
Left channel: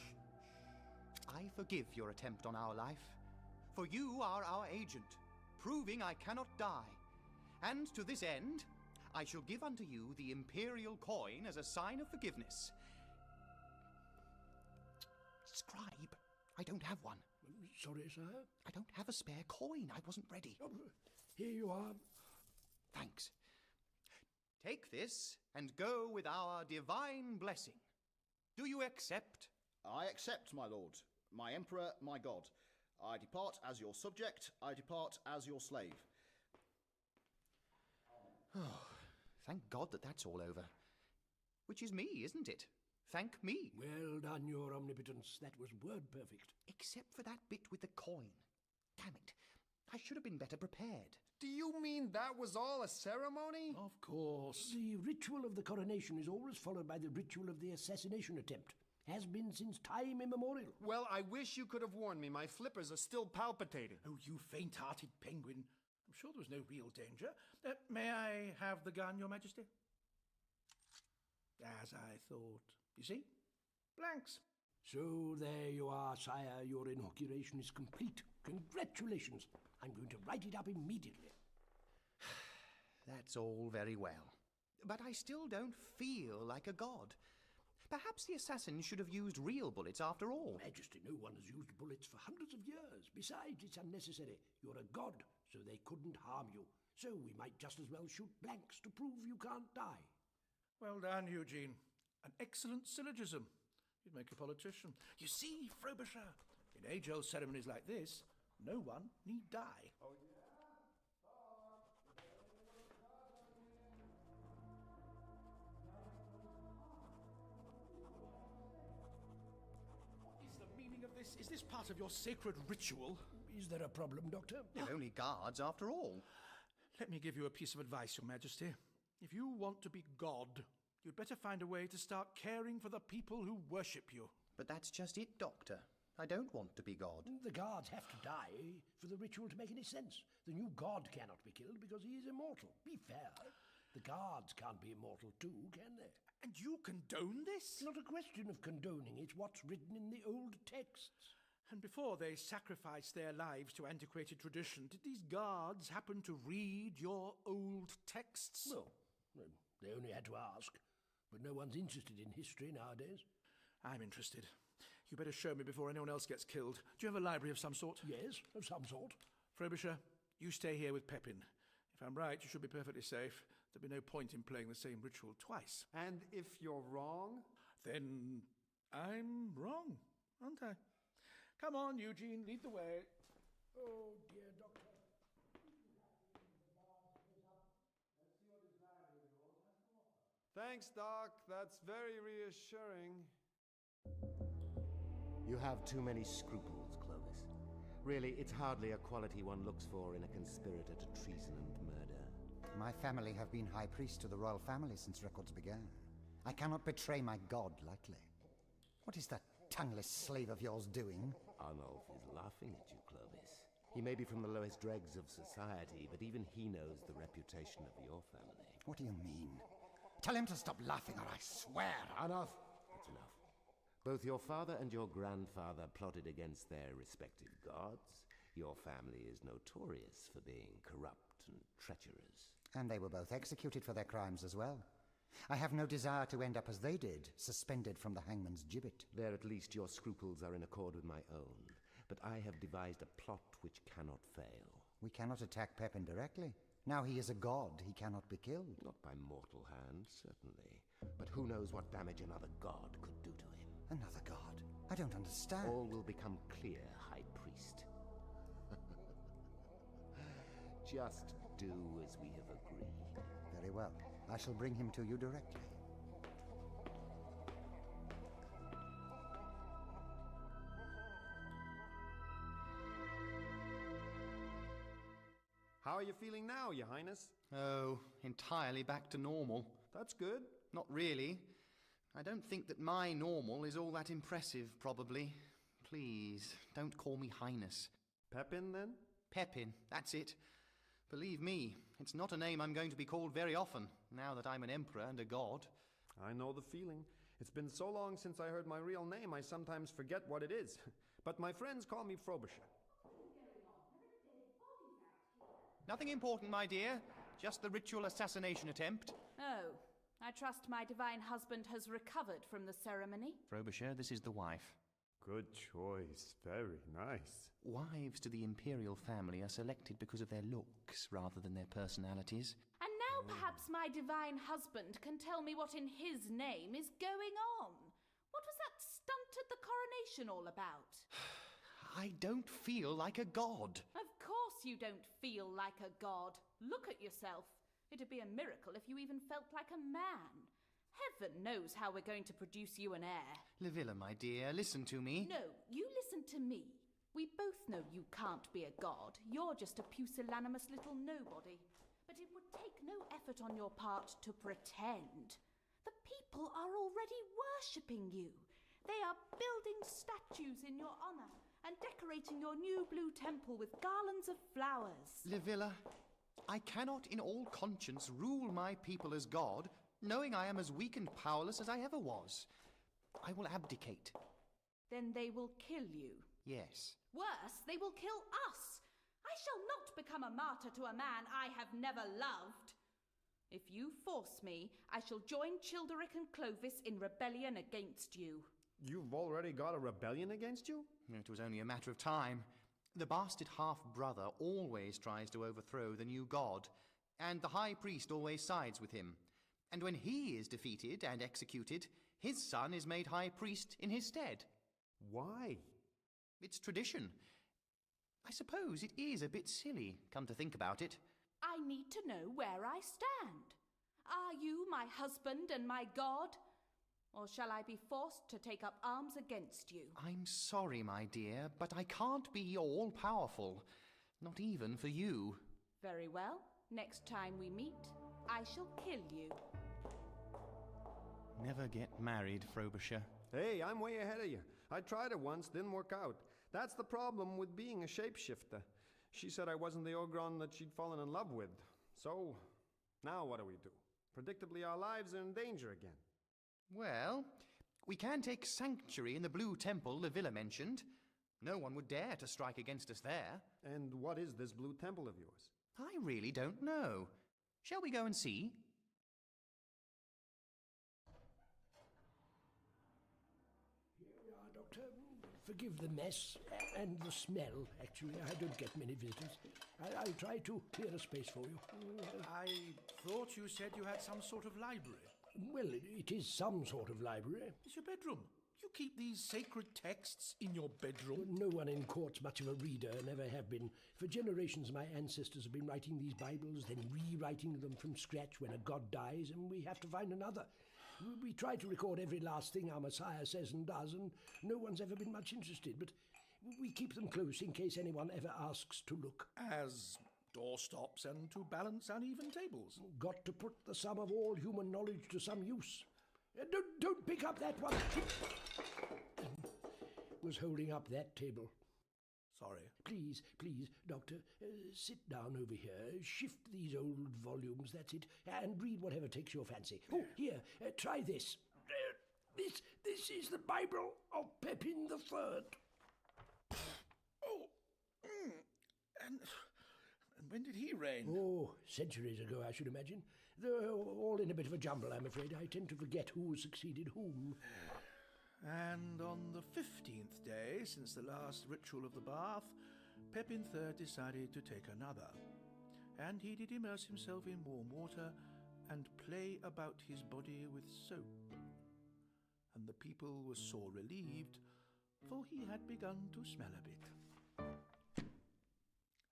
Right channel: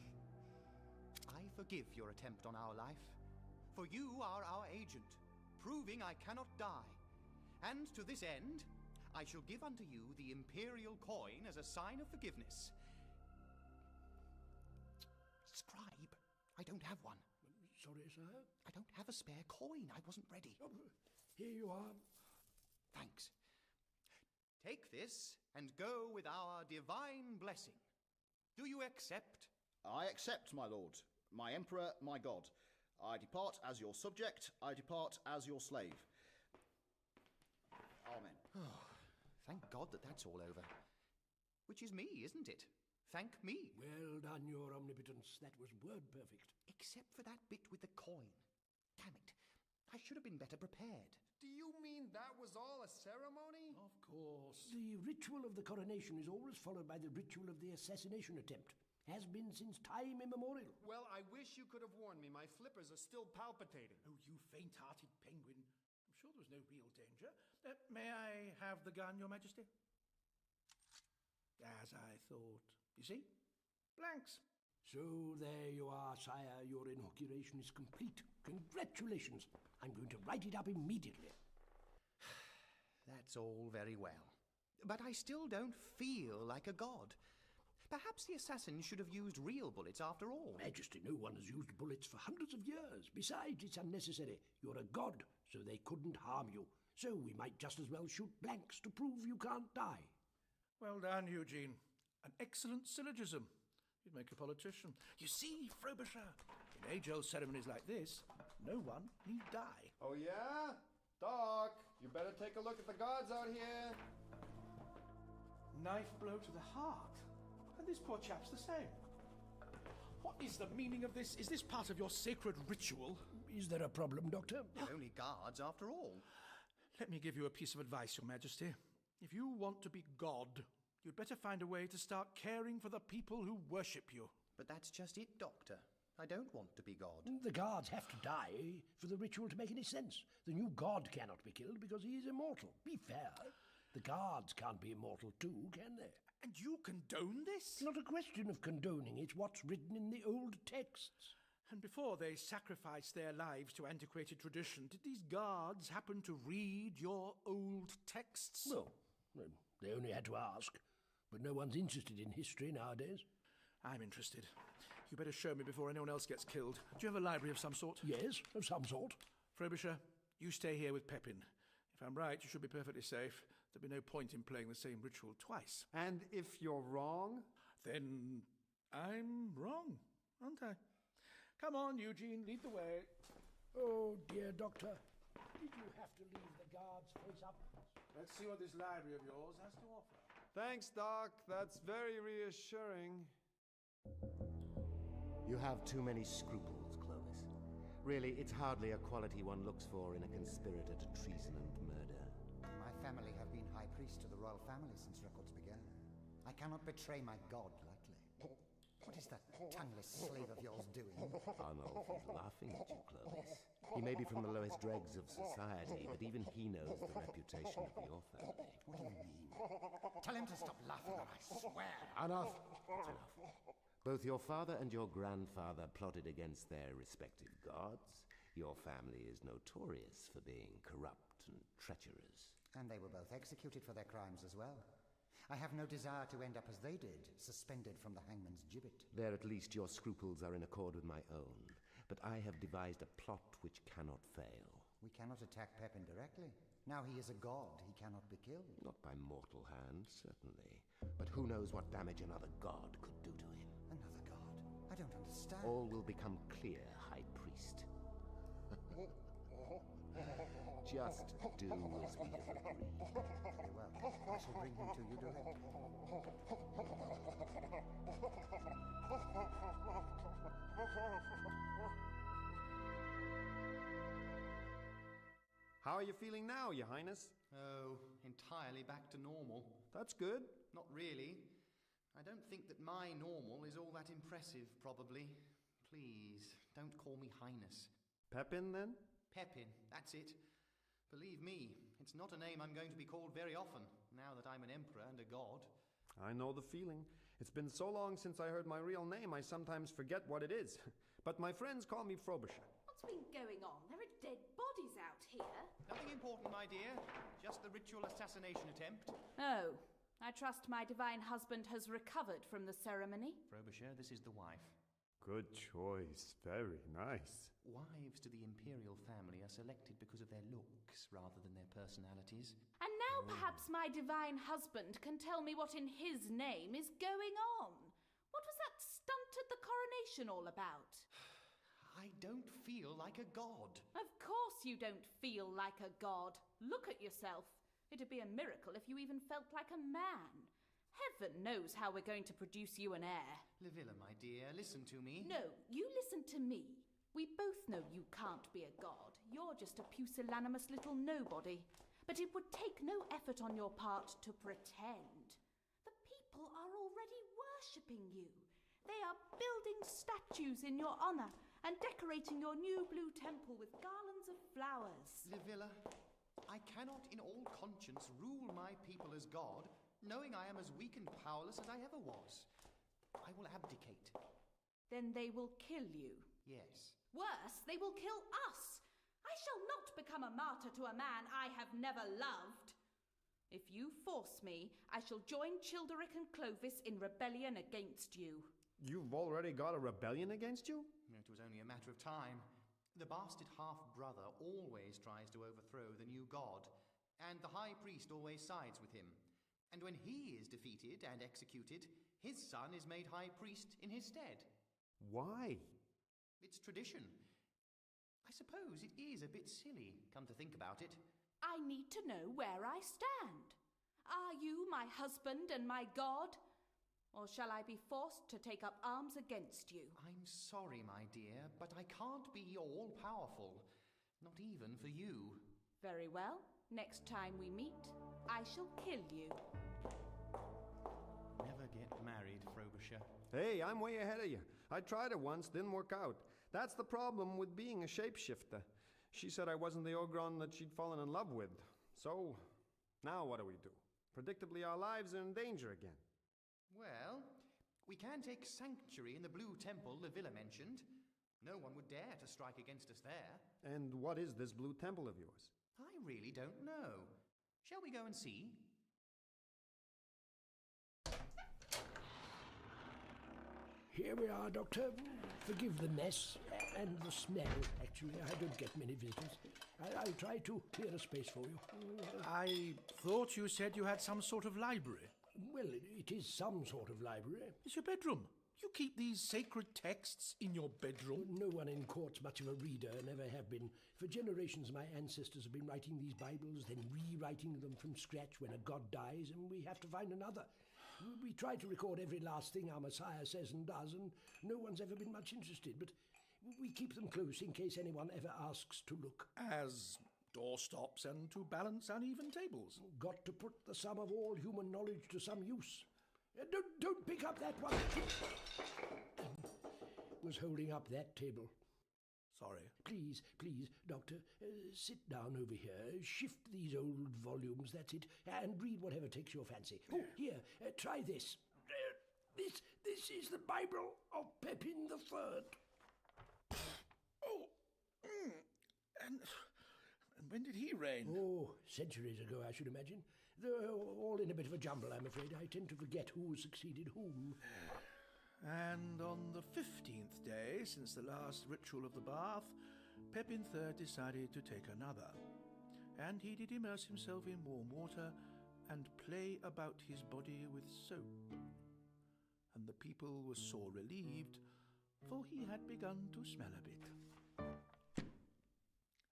I forgive your attempt on our life, for you are our agent, proving I cannot die. And to this end, I shall give unto you the imperial coin as a sign of forgiveness. Scribe, I don't have one. Sorry, sir? I don't have a spare coin. I wasn't ready. Oh, here you are. Thanks. Take this and go with our divine blessing. Do you accept? I accept, my lord, my emperor, my god. I depart as your subject, I depart as your slave. Amen. Oh, thank God that that's all over. Which is me, isn't it? Thank me. Well done, your omnipotence. That was word perfect. Except for that bit with the coin. Damn it. I should have been better prepared. Do you mean that was all a ceremony? Of course. The ritual of the coronation is always followed by the ritual of the assassination attempt. Has been since time immemorial. Well, I wish you could have warned me. My flippers are still palpitating. Oh, you faint-hearted penguin. I'm sure there was no real danger. May I have the gun, Your Majesty? As I thought. You see? Blanks. So there you are, sire. Your inauguration is complete. Congratulations. I'm going to write it up immediately. That's all very well. But I still don't feel like a god. Perhaps the assassin should have used real bullets after all. Majesty, no one has used bullets for hundreds of years. Besides, it's unnecessary. You're a god, so they couldn't harm you. So we might just as well shoot blanks to prove you can't die. Well done, Eugene. An excellent syllogism. You'd make a politician. You see, Frobisher, in age-old ceremonies like this, no one need die. Oh, yeah? Doc, you better take a look at the gods out here. Knife blow to the heart. And this poor chap's the same. What is the meaning of this? Is this part of your sacred ritual? Is there a problem, Doctor? They're only guards after all. Let me give you a piece of advice, Your Majesty. If you want to be God, you'd better find a way to start caring for the people who worship you. But that's just it, Doctor. I don't want to be God. The guards have to die for the ritual to make any sense. The new god cannot be killed because he is immortal. Be fair. The guards can't be immortal too, can they? And you condone this? It's not a question of condoning. It's what's written in the old texts. And before they sacrificed their lives to antiquated tradition, did these guards happen to read your old texts? No. They only had to ask. But no one's interested in history nowadays. I'm interested. You better show me before anyone else gets killed. Do you have a library of some sort? Yes, of some sort. Frobisher, you stay here with Pepin. If I'm right, you should be perfectly safe. There'd be no point in playing the same ritual twice. And if you're wrong? Then I'm wrong, aren't I? Come on, Eugene, lead the way. Oh, dear Doctor. Did you have to leave the guards face up? Let's see what this library of yours has to offer. Thanks, Doc. That's very reassuring. You have too many scruples, Clovis. Really, it's hardly a quality one looks for in a conspirator to treason and murder. My family have been high priest to the royal family since records began. I cannot betray my god lightly. What is that tongueless slave of yours doing? Arnulf is laughing at you, Clovis. He may be from the lowest dregs of society, but even he knows the reputation of your family. What do you mean? Tell him to stop laughing or I swear. Enough! That's enough. Both your father and your grandfather plotted against their respective gods. Your family is notorious for being corrupt and treacherous. And they were both executed for their crimes as well. I have no desire to end up as they did, suspended from the hangman's gibbet. There at least your scruples are in accord with my own. But I have devised a plot which cannot fail. We cannot attack Pepin directly. Now he is a god, he cannot be killed. Not by mortal hand, certainly. But who knows what damage another god could do to him. Another god? I don't understand. All will become clear, High Priest. Just do as we have agreed. Very well. I shall bring him to you directly. How are you feeling now, Your Highness? Oh, entirely back to normal. That's good. Not really. I don't think that my normal is all that impressive, probably. Please, don't call me Highness. Pepin, then? Pepin, that's it. Believe me, it's not a name I'm going to be called very often, now that I'm an emperor and a god. I know the feeling. It's been so long since I heard my real name, I sometimes forget what it is. But my friends call me Frobisher. What's been going on? There are dead bodies out here. Nothing important, my dear. Just the ritual assassination attempt. Oh, I trust my divine husband has recovered from the ceremony. Frobisher, this is the wife. Good choice. Very nice. Wives to the imperial family are selected because of their looks rather than their personalities. And now perhaps my divine husband can tell me what in his name is going on. What was that stunt at the coronation all about? I don't feel like a god. Of course you don't feel like a god. Look at yourself. It'd be a miracle if you even felt like a man. Heaven knows how we're going to produce you an heir. Livilla, my dear, listen to me. No, you listen to me. We both know you can't be a god. You're just a pusillanimous little nobody. But it would take no effort on your part to pretend. The people are already worshipping you. They are building statues in your honor and decorating your new blue temple with garlands of flowers. Livilla, I cannot in all conscience rule my people as god, knowing I am as weak and powerless as I ever was. I will abdicate. Then they will kill you. Yes. Worse, they will kill us. I shall not become a martyr to a man I have never loved. If you force me, I shall join Childeric and Clovis in rebellion against you. You've already got a rebellion against you? It was only a matter of time. The bastard half-brother always tries to overthrow the new god, and the high priest always sides with him. And when he is defeated and executed, his son is made high priest in his stead. Why? It's tradition. I suppose it is a bit silly, come to think about it. I need to know where I stand. Are you my husband and my god? Or shall I be forced to take up arms against you? I'm sorry, my dear, but I can't be all-powerful. Not even for you. Very well. Next time we meet, I shall kill you. Never get married, Frobisher. Hey, I'm way ahead of you. I tried it once, didn't work out. That's the problem with being a shapeshifter. She said I wasn't the Ogron that she'd fallen in love with. So, now what do we do? Predictably, our lives are in danger again. Well, we can take sanctuary in the Blue Temple Livilla mentioned. No one would dare to strike against us there. And what is this Blue Temple of yours? I really don't know. Shall we go and see? Here we are, Doctor. Forgive the mess and the smell, actually. I don't get many visitors. I'll try to clear a space for you. I thought you said you had some sort of library. Well, it is some sort of library. It's your bedroom. You keep these sacred texts in your bedroom? No one in court's much of a reader, never have been. For generations, my ancestors have been writing these Bibles, then rewriting them from scratch when a god dies, and we have to find another. We try to record every last thing our Messiah says and does, and no one's ever been much interested, but we keep them close in case anyone ever asks to look. As doorstops and to balance uneven tables. Got to put the sum of all human knowledge to some use. Don't pick up that one. Was holding up that table. Sorry. Please, Doctor, sit down over here, shift these old volumes, that's it, and read whatever takes your fancy. Oh, here, try this. This is the Bible of Pepin III. Oh, and when did he reign? Oh, centuries ago, I should imagine. They're all in a bit of a jumble, I'm afraid. I tend to forget who succeeded whom. And on the 15th day since the last ritual of the bath, Pepin III decided to take another. And he did immerse himself in warm water and play about his body with soap. And the people were sore relieved, for he had begun to smell a bit.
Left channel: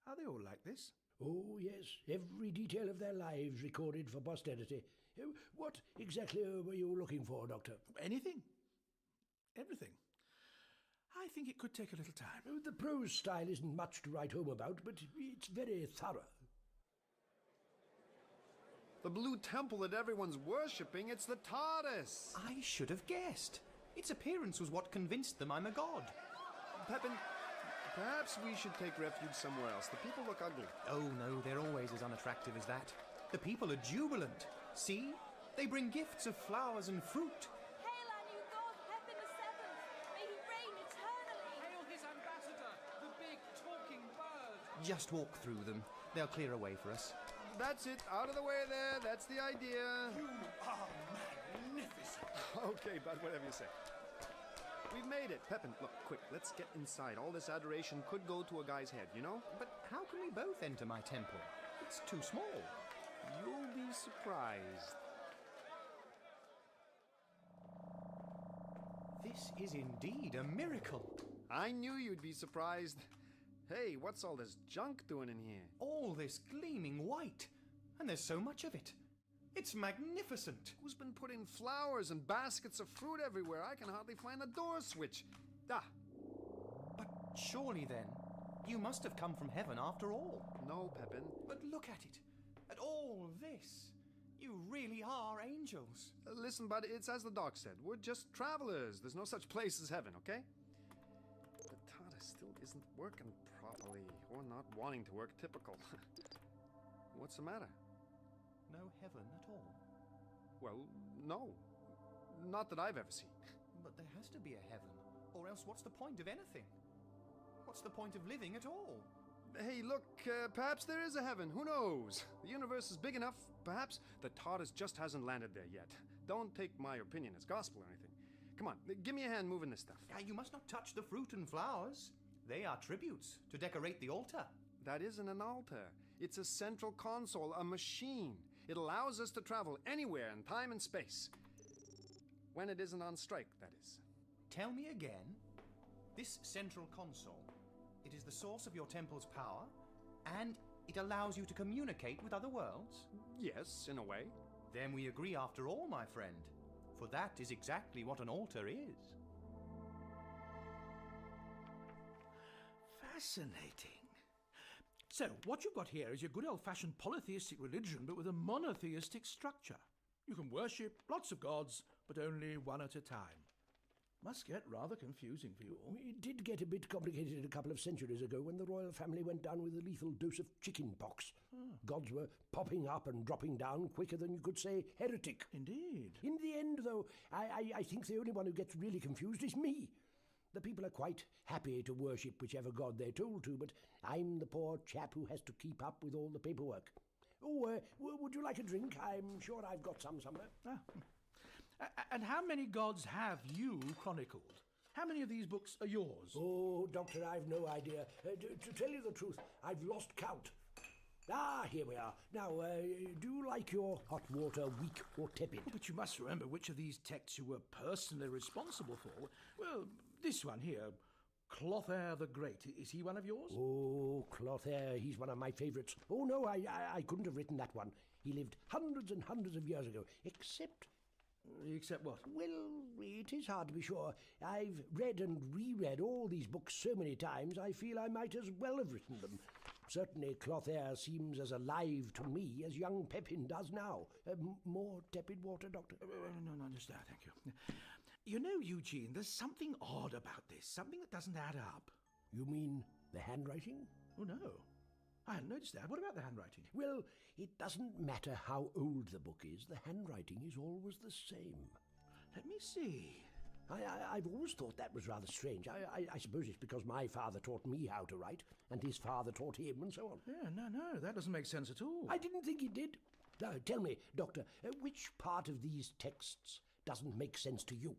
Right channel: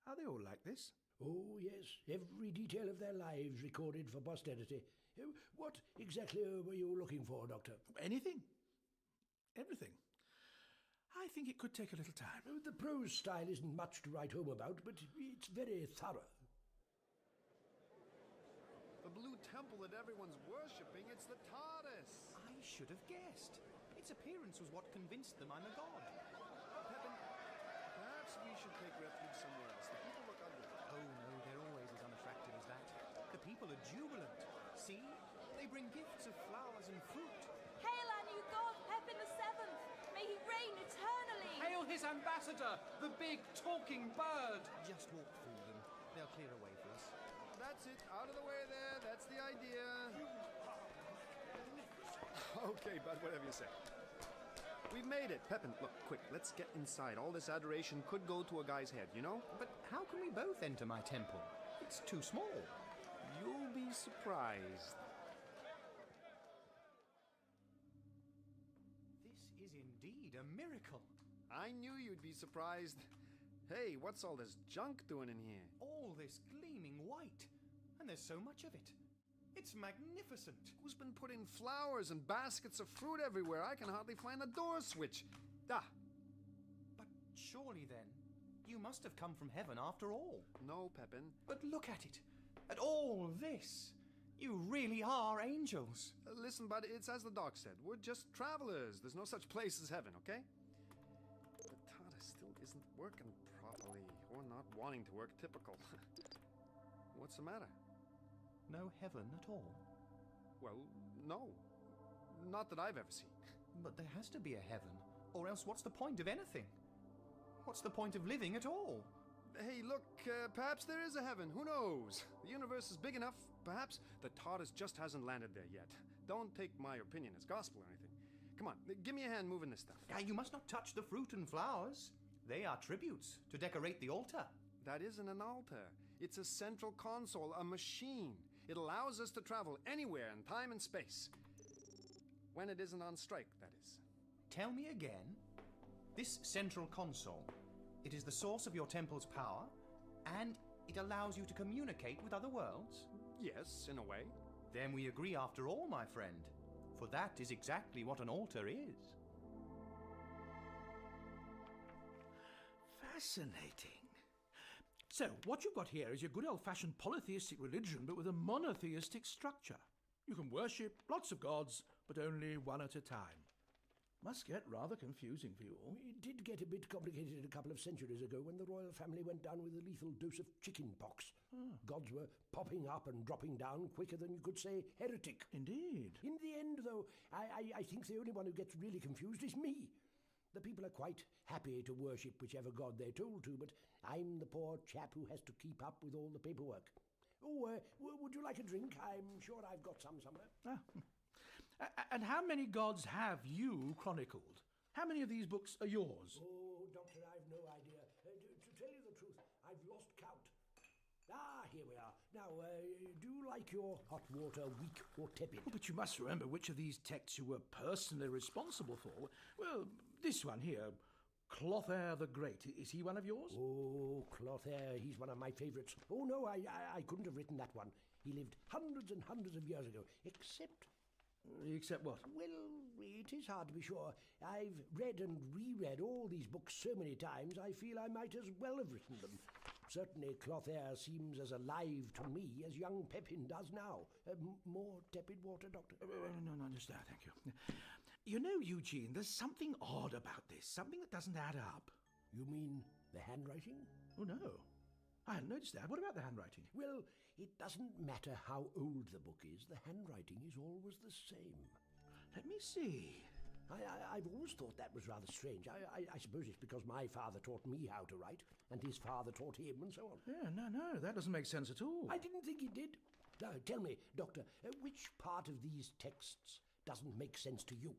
Are they all like this? Oh, yes, every detail of their lives recorded for posterity. What exactly were you looking for, Doctor? Anything. Everything. I think it could take a little time. The prose style isn't much to write home about, but it's very thorough. The blue temple that everyone's worshipping, it's the TARDIS! I should have guessed. Its appearance was what convinced them I'm a god. Pepin, perhaps we should take refuge somewhere else. The people look ugly. Oh no, they're always as unattractive as that. The people are jubilant. See? They bring gifts of flowers and fruit. Hail our new god, Pepin VII! May he reign eternally! Hail his ambassador, the big talking bird! Just walk through them. They'll clear a way for us. That's it. Out of the way there. That's the idea. You are magnificent. Okay, bud, whatever you say. We've made it. Pepin, look, quick, let's get inside. All this adoration could go to a guy's head, you know? But how can we both enter my temple? It's too small. You'll be surprised. This is indeed a miracle. I knew you'd be surprised. Hey, what's all this junk doing in here? All this gleaming white. And there's so much of it. It's magnificent. Who's been putting flowers and baskets of fruit everywhere? I can hardly find the door switch. Ah! But surely then, you must have come from heaven after all. No, Pepin. But look at it. At all this. You really are angels. Listen, bud, it's as the doc said. We're just travelers. There's no such place as heaven, okay? The TARDIS still isn't working properly. Or not wanting to work. Typical. What's the matter? No heaven at all? Well, no. Not that I've ever seen. But there has to be a heaven. Or else what's the point of anything? What's the point of living at all? Hey, look, perhaps there is a heaven. Who knows? The universe is big enough. Perhaps the TARDIS just hasn't landed there yet. Don't take my opinion as gospel or anything. Come on, give me a hand moving this stuff. You must not touch the fruit and flowers. They are tributes to decorate the altar. That isn't an altar. It's a central console, a machine. It allows us to travel anywhere in time and space. When it isn't on strike, that is. Tell me again. This central console, it is the source of your temple's power, and it allows you to communicate with other worlds? Yes, in a way. Then we agree after all, my friend. For that is exactly what an altar is. Fascinating. So, what you've got here is your good old-fashioned polytheistic religion, but with a monotheistic structure. You can worship lots of gods, but only one at a time. Must get rather confusing for you all. It did get a bit complicated a couple of centuries ago when the royal family went down with a lethal dose of chicken pox. Gods were popping up and dropping down quicker than you could say heretic. Indeed. In the end, though, I think the only one who gets really confused is me. The people are quite happy to worship whichever god they're told to, but I'm the poor chap who has to keep up with all the paperwork. Oh, would you like a drink? I'm sure I've got some somewhere. And how many gods have you chronicled? How many of these books are yours? Oh, Doctor, I've no idea. To tell you the truth, I've lost count. Ah, here we are. Now, do you like your hot water weak or tepid? Oh, but you must remember which of these texts you were personally responsible for. Well, this one here, Clothair the Great. Is he one of yours? Oh, Clothair, he's one of my favourites. Oh, no, I couldn't have written that one. He lived hundreds and hundreds of years ago, except... Except what? Well, it is hard to be sure. I've read and reread all these books so many times, I feel I might as well have written them. Certainly Clothair seems as alive to me as young Pepin does now. More tepid water, Doctor? No, just that, thank you. You know, Eugene, there's something odd about this, something that doesn't add up. You mean the handwriting? Oh, no. I hadn't noticed that. What about the handwriting? Well, it doesn't matter how old the book is, the handwriting is always the same. Let me see. I've always thought that was rather strange. I suppose it's because my father taught me how to write, and his father taught him, and so on. Yeah, no, that doesn't make sense at all. I didn't think it did. Now, tell me, Doctor, which part of these texts doesn't make sense to you?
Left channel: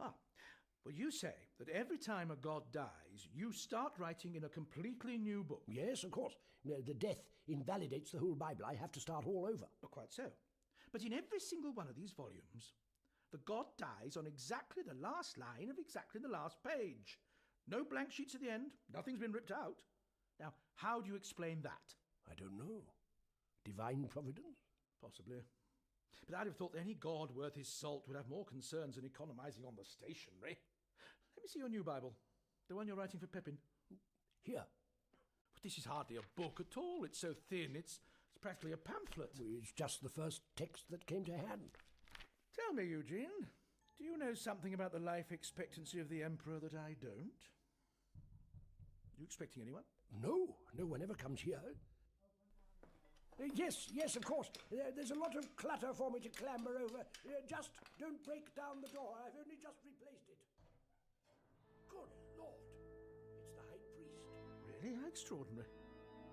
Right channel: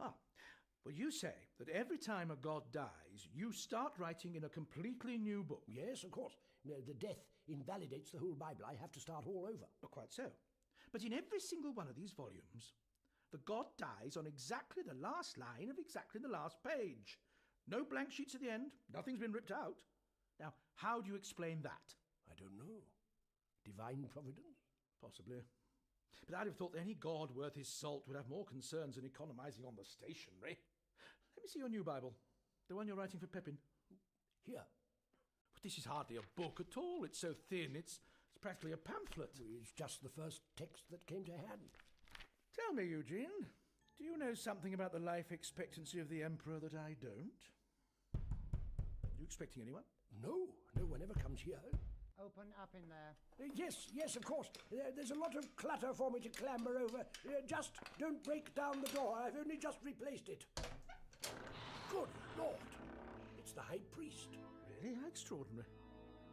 Well, you say that every time a god dies, you start writing in a completely new book. Yes, of course. The death invalidates the whole Bible. I have to start all over. Quite so. But in every single one of these volumes, the god dies on exactly the last line of exactly the last page. No blank sheets at the end. Nothing's been ripped out. Now, how do you explain that? I don't know. Divine providence? Possibly. But I'd have thought that any god worth his salt would have more concerns than economising on the stationery. Let me see your new Bible. The one you're writing for Pepin. Here. But this is hardly a book at all. It's so thin. It's practically a pamphlet. It's just the first text that came to hand. Tell me, Eugene, do you know something about the life expectancy of the Emperor that I don't? Are you expecting anyone? No one ever comes here. Open up in there. Yes, of course. There's a lot of clutter for me to clamber over. Just don't break down the door. I've only just replaced it. Good Lord. It's the High Priest. Really? How extraordinary.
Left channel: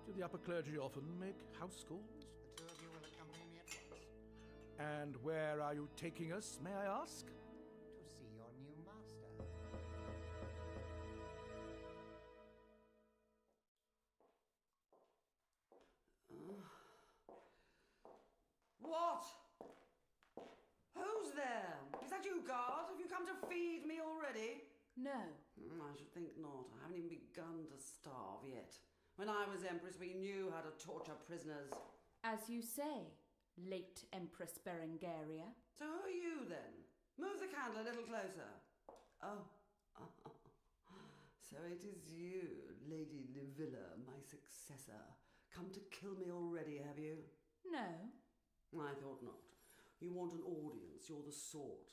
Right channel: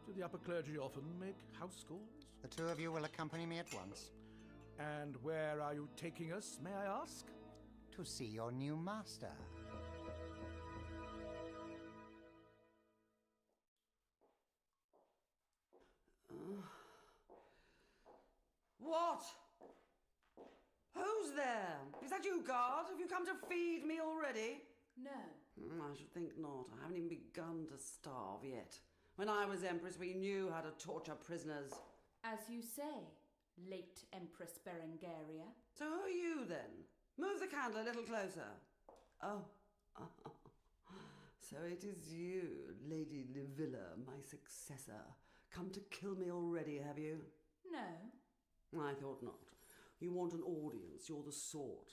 Do the upper clergy often make house calls? The two of you will accompany me at once. And where are you taking us, may I ask? To see your new master. What? Who's there? Is that you, guard? Have you come to feed me already? No. I should think not. I haven't even begun to starve yet. When I was Empress, we knew how to torture prisoners. As you say, late Empress Berengaria. So who are you, then? Move the candle a little closer. Oh. So it is you, Lady Livilla, my successor. Come to kill me already, have you? No. I thought not. You want an audience, you're the sort.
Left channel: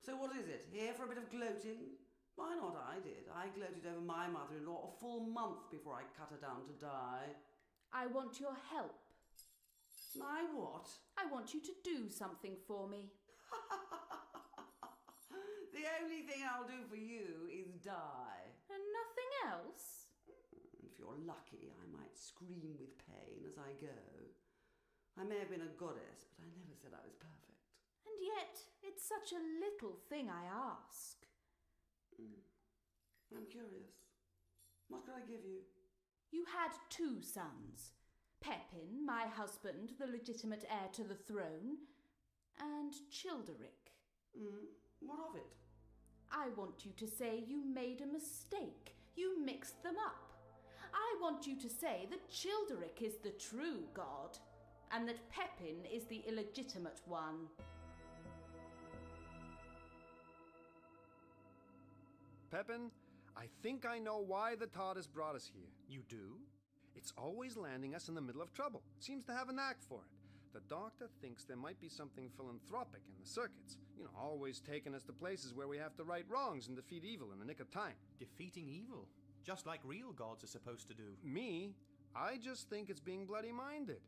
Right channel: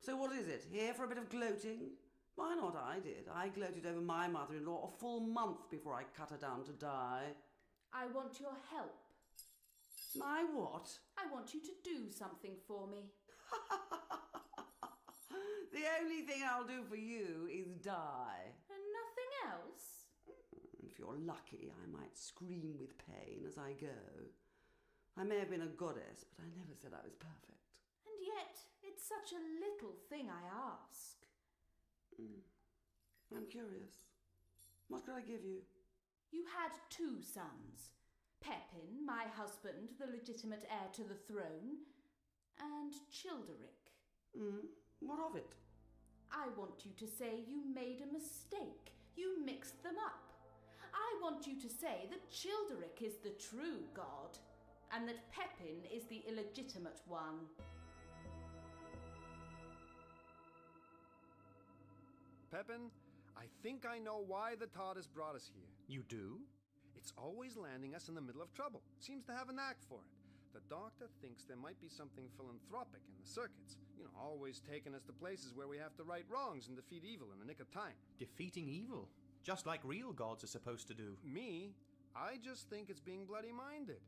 So what is it? Here for a bit of gloating? Why not? I did. I gloated over my mother-in-law a full month before I cut her down to die. I want your help. My what? I want you to do something for me. The only thing I'll do for you is die. And nothing else? If you're lucky, I might scream with pain as I go. I may have been a goddess, but I never said I was perfect. And yet, it's such a little thing I ask. I'm curious. What could I give you? You had 2 sons. Pepin, my husband, the legitimate heir to the throne, and Childeric. What of it? I want you to say you made a mistake. You mixed them up. I want you to say that Childeric is the true god, and that Pepin is the illegitimate one. Pepin, I think I know why the TARDIS brought us here. You do? It's always landing us in the middle of trouble. Seems to have a knack for it. The Doctor thinks there might be something philanthropic in the circuits. Always taking us to places where we have to right wrongs and defeat evil in the nick of time. Defeating evil? Just like real gods are supposed to do. Me? I just think it's being bloody minded.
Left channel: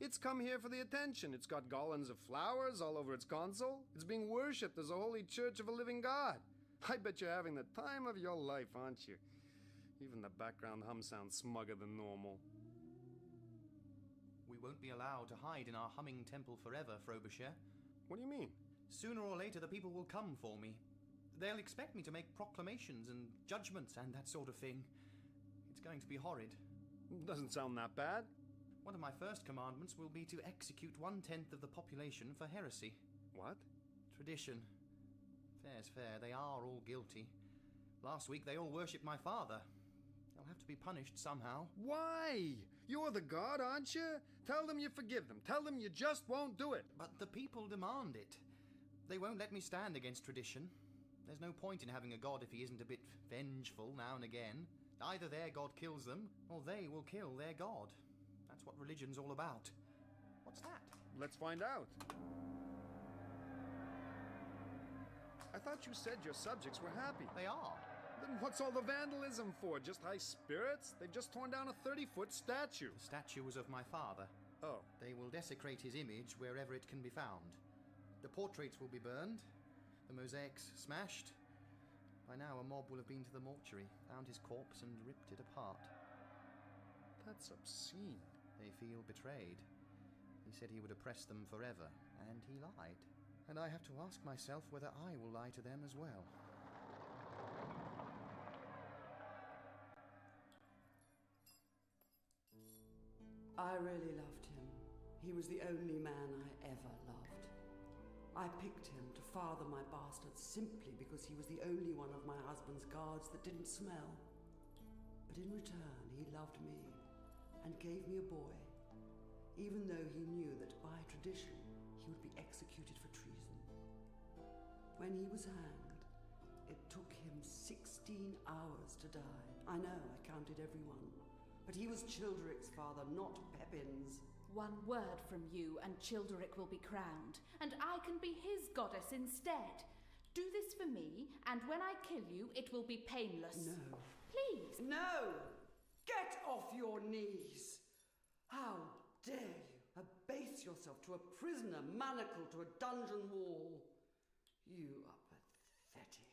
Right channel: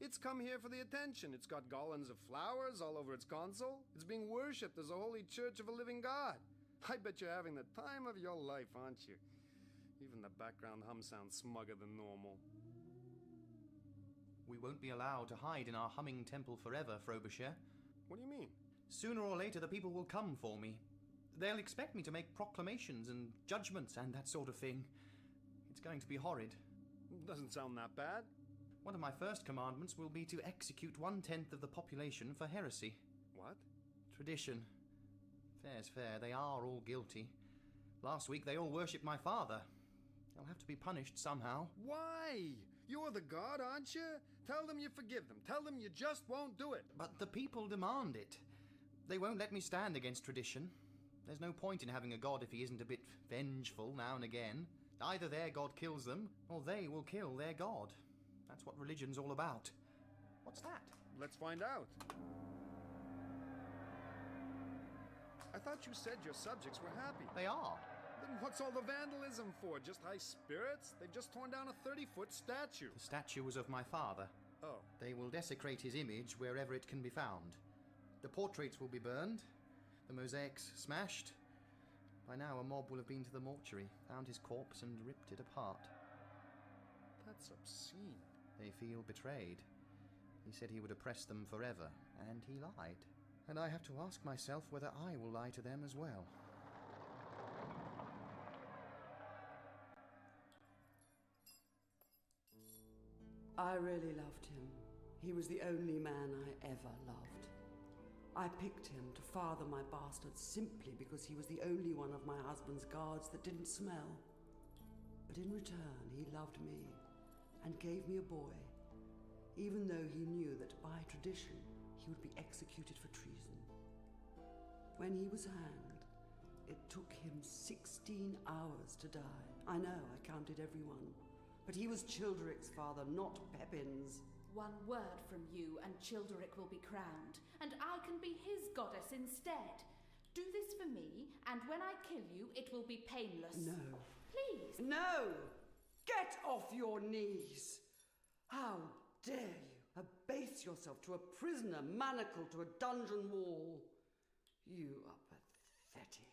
It's come here for the attention. It's got garlands of flowers all over its console. It's being worshipped as a holy church of a living god. I bet you're having the time of your life, aren't you? Even the background hum sounds smugger than normal. We won't be allowed to hide in our humming temple forever, Frobisher. What do you mean? Sooner or later the people will come for me. They'll expect me to make proclamations and judgments and that sort of thing. It's going to be horrid. Doesn't sound that bad. One of my first commandments will be to execute 1/10 of the population for heresy. What? Tradition. Fair's fair, they are all guilty. Last week they all worshipped my father. They'll have to be punished somehow. Why? You're the god, aren't you? Tell them you forgive them. Tell them you just won't do it. But the people demand it. They won't let me stand against tradition. There's no point in having a god if he isn't a bit vengeful now and again. Either their god kills them, or they will kill their god. That's what religion's all about. What's that? Let's find out. I thought you said your subjects were happy. They are. Then what's all the vandalism for? Just high spirits? They've just torn down a 30-foot statue. The statue was of my father. Oh. They will desecrate his image wherever it can be found. The portraits will be burned, the mosaics smashed. By now a mob will have been to the mortuary, found his corpse and ripped it apart. That's obscene. They feel betrayed. He said he would oppress them forever, and he lied. And I have to ask myself whether I will lie to them as well. I really loved him. He was the only man I ever loved. I picked him to father my bastards simply because he was the only one of my husband's guards that didn't smell. But in return, he loved me and gave me a boy, even though he knew that by tradition he would be executed for treason. When he was hanged, it took him 16 hours to die. I know, I counted everyone. But he was Childeric's father, not Pepin's. One word from you and Childeric will be crowned, and I can be his goddess instead. Do this for me, and when I kill you, it will be painless. No. Please. No! Get off your knees! How dare you abase yourself to a prisoner manacled to a dungeon wall? You are pathetic.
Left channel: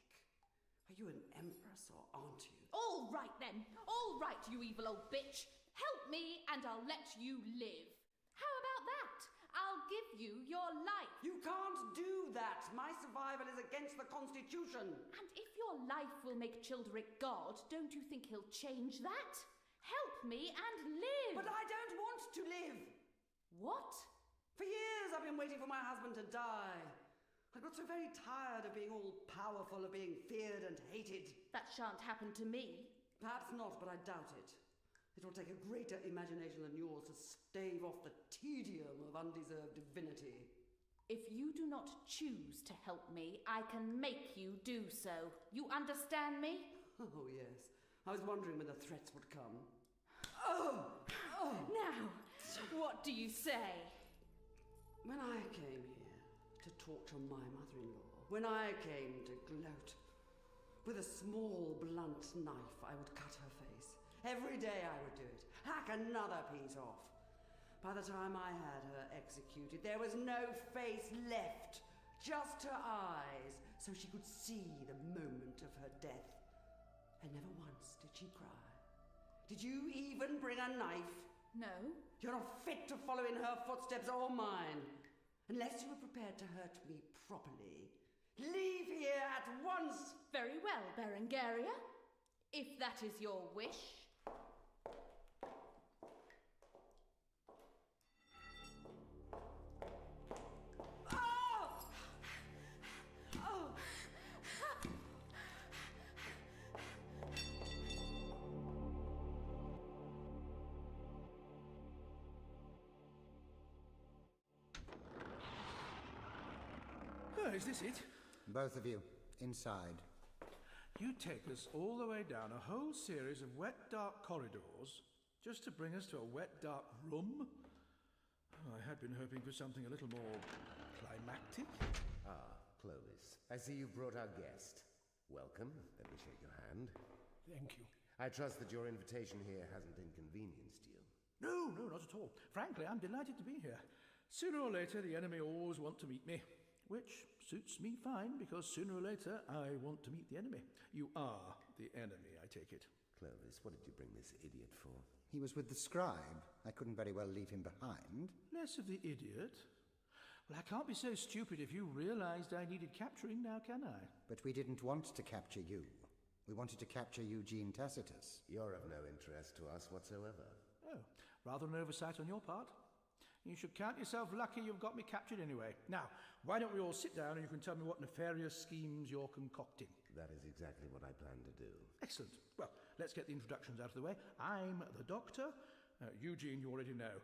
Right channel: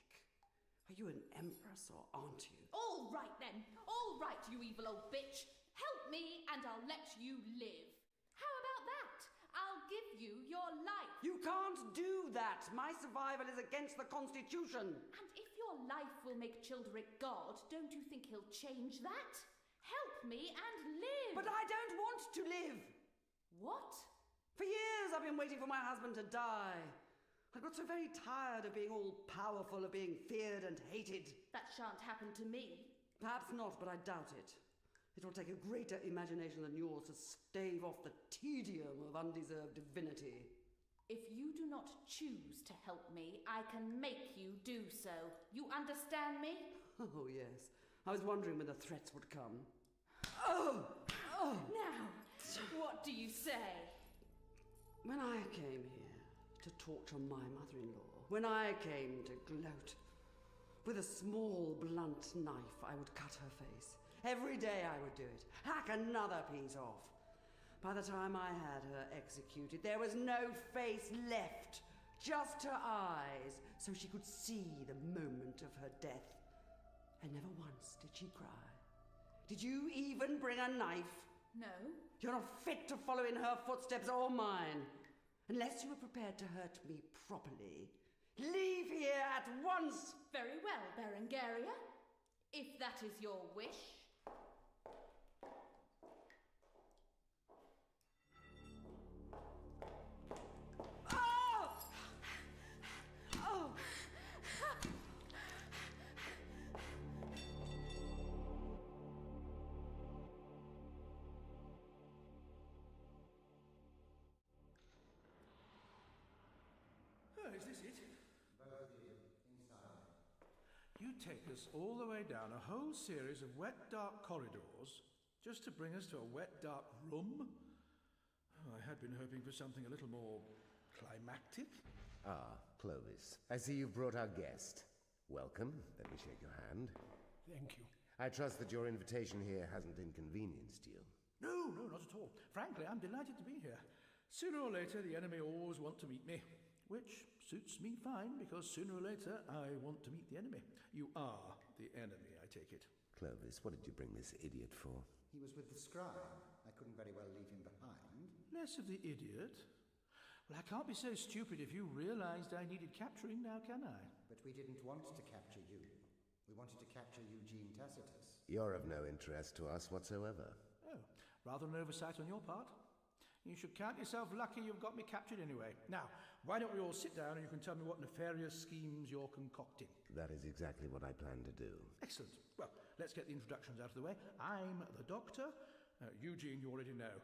Are you an empress or aren't you? All right then. All right, you evil old bitch. Help me and I'll let you live. How about that? I'll give you your life. You can't do that. My survival is against the Constitution. And if your life will make Childeric God, don't you think he'll change that? Help me and live. But I don't want to live. What? For years I've been waiting for my husband to die. I got so very tired of being all powerful, of being feared and hated. That shan't happen to me. Perhaps not, but I doubt it. It will take a greater imagination than yours to stave off the tedium of undeserved divinity. If you do not choose to help me, I can make you do so. You understand me? Oh, yes. I was wondering when the threats would come. Oh! Now, what do you say? When I came here to torture my mother-in-law, when I came to gloat, with a small, blunt knife I would cut her face. Every day I would do it. Hack another piece off. By the time I had her executed, there was no face left. Just her eyes, so she could see the moment of her death. And never once did she cry. Did you even bring a knife? No. You're not fit to follow in her footsteps or mine. Unless you are prepared to hurt me properly. Leave here at once! Very well, Berengaria. If that is your wish. Is this it? Both of you, inside. You take us all the way down a whole series of wet, dark corridors just to bring us to a wet, dark room? Oh, I had been hoping for something a little more climactic. Ah, Clovis. I see you've brought our guest. Welcome. Let me shake your hand. Thank you. I trust that your invitation here hasn't inconvenienced you. No, not at all. Frankly, I'm delighted to be here. Sooner or later, the enemy always want to meet me. Which suits me fine, because sooner or later I want to meet the enemy. You are the enemy, I take it. Clovis, what did you bring this idiot for? He was with the scribe. I couldn't very well leave him behind. Less of the idiot. Well, I can't be so stupid if you realized I needed capturing now, can I? But we didn't want to capture you. We wanted to capture Eugene Tacitus. You're of no interest to us whatsoever. Oh, rather an oversight on your part. You should count yourself lucky you've got me captured anyway. Now, why don't we all sit down and you can tell me what nefarious schemes you're concocting? That is exactly what I plan to do. Excellent. Well, let's get the introductions out of the way. I'm the Doctor. Eugene, you already know.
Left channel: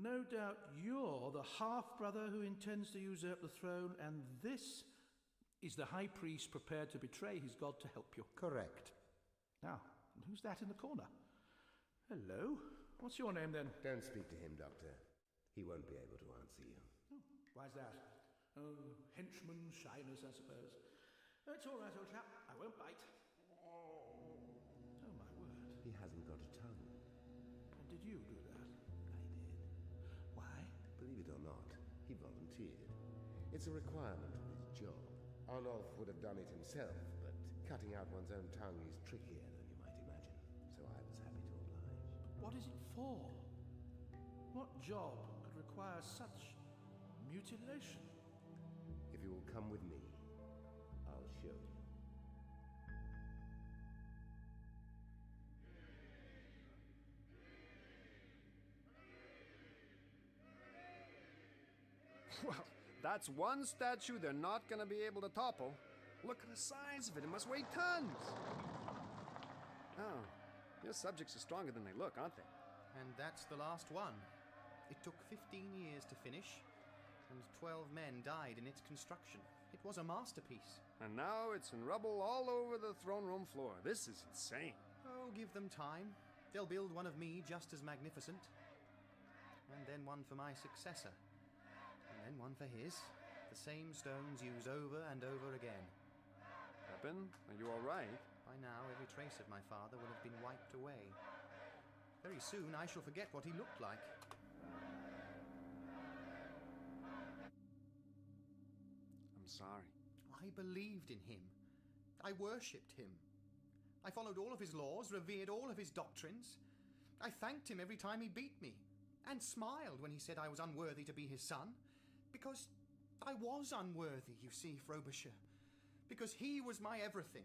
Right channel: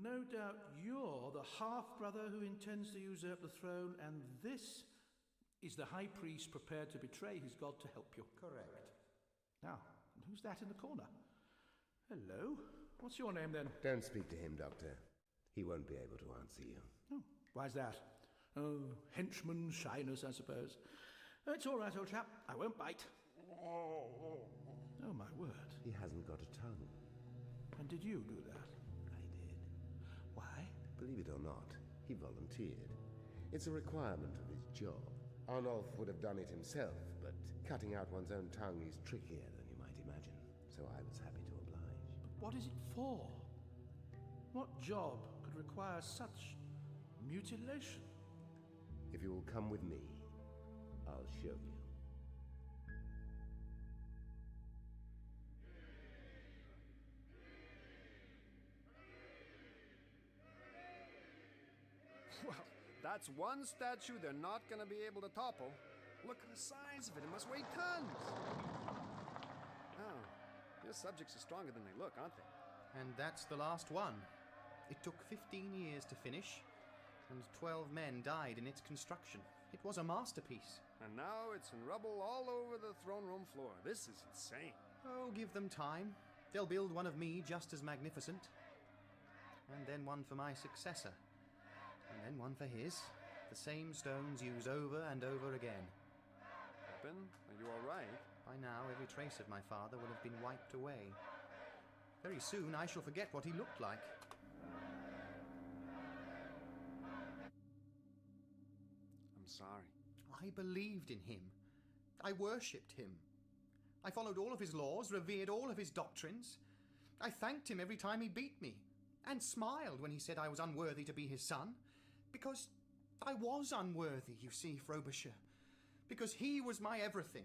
No doubt you're the half-brother who intends to usurp the throne, and this is the High Priest prepared to betray his god to help you. Correct. Now, and who's that in the corner? Hello? What's your name, then? Don't speak to him, Doctor. He won't be able to answer you. Oh, why's that? Oh, henchman shyness, I suppose. It's all right, old chap. I won't bite. Oh, my word. He hasn't got a tongue. And did you do that? I did. Why? Believe it or not, he volunteered. It's a requirement of his job. Arnulf would have done it himself, but cutting out one's own tongue is trickier than you might imagine, so I was happy to oblige. But what is it for? What job could require such mutilation? If you will come with me, I'll show you. Well, that's one statue they're not going to be able to topple. Look at the size of it. It must weigh tons. Oh, your subjects are stronger than they look, aren't they? And that's the last one. It took 15 years to finish, and 12 men died in its construction. It was a masterpiece. And now it's in rubble all over the throne room floor. This is insane. Oh, give them time. They'll build one of me just as magnificent. And then one for my successor. And then one for his. The same stones used over and over again. Pepin, are you all right? By now, every trace of my father will have been wiped away. Very soon, I shall forget what he looked like. I'm sorry. I believed in him. I worshipped him. I followed all of his laws, revered all of his doctrines. I thanked him every time he beat me, and smiled when he said I was unworthy to be his son. Because I was unworthy, you see, Frobisher. Because he was my everything.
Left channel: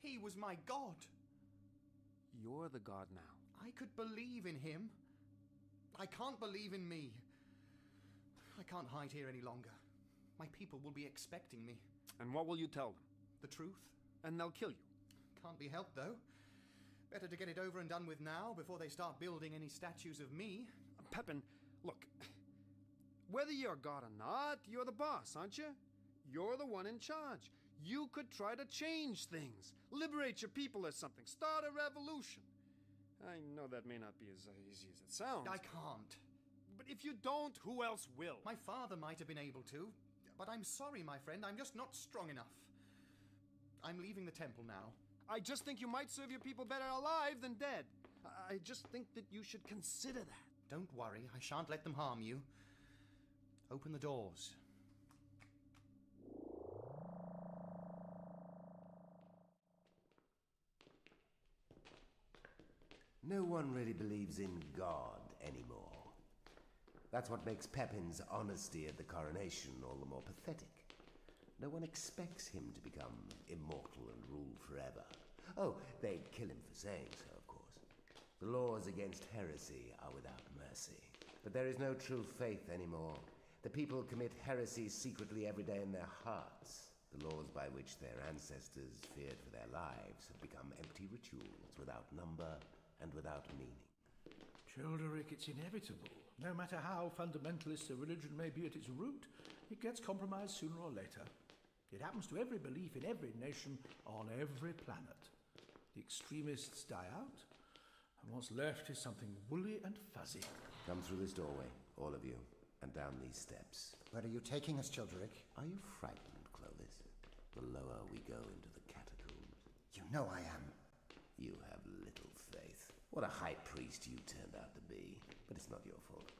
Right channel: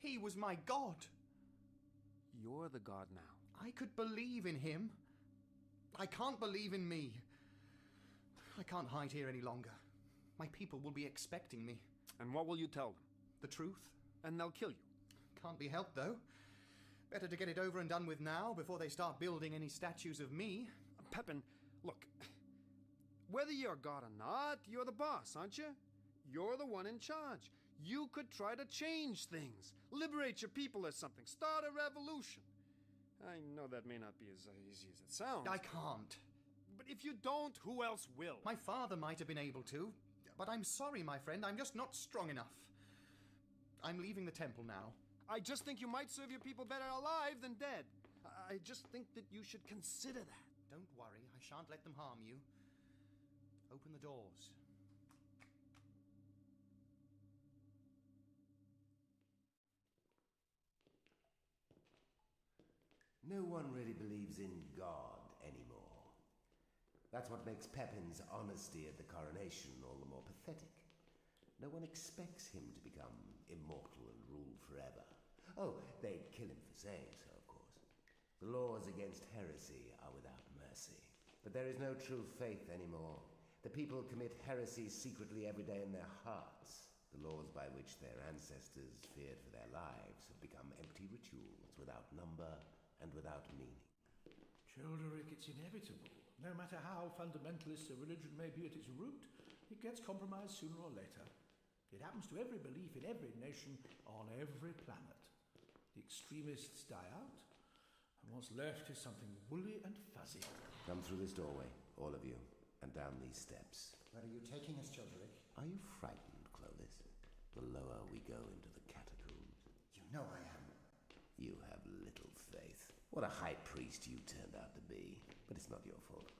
He was my god. You're the god now. I could believe in him. I can't believe in me. I can't hide here any longer. My people will be expecting me. And what will you tell them? The truth. And they'll kill you. Can't be helped, though. Better to get it over and done with now before they start building any statues of me. Pepin, look. Whether you're god or not, you're the boss, aren't you? You're the one in charge. You could try to change things. Liberate your people or something. Start a revolution. I know that may not be as easy as it sounds. I can't. But if you don't, who else will? My father might have been able to. But I'm sorry, my friend. I'm just not strong enough. I'm leaving the temple now. I just think you might serve your people better alive than dead. I just think that you should consider that. Don't worry. I shan't let them harm you. Open the doors. No one really believes in God anymore. That's what makes Pepin's honesty at the coronation all the more pathetic. No one expects him to become immortal and rule forever. Oh, they'd kill him for saying so, of course. The laws against heresy are without mercy. But there is no true faith anymore. The people commit heresy secretly every day in their hearts. The laws by which their ancestors feared for their lives have become empty rituals without number and without meaning. Childeric, it's inevitable. No matter how fundamentalist a religion may be at its root, it gets compromised sooner or later. It happens to every belief in every nation on every planet. The extremists die out, and what's left is something woolly and fuzzy. Come through this doorway, all of you, and down these steps. Where are you taking us, Childeric? Are you frightened, Clovis? The lower we go into the catacombs. You know I am. You have little faith. What a high priest you turned out to be. But it's not your fault.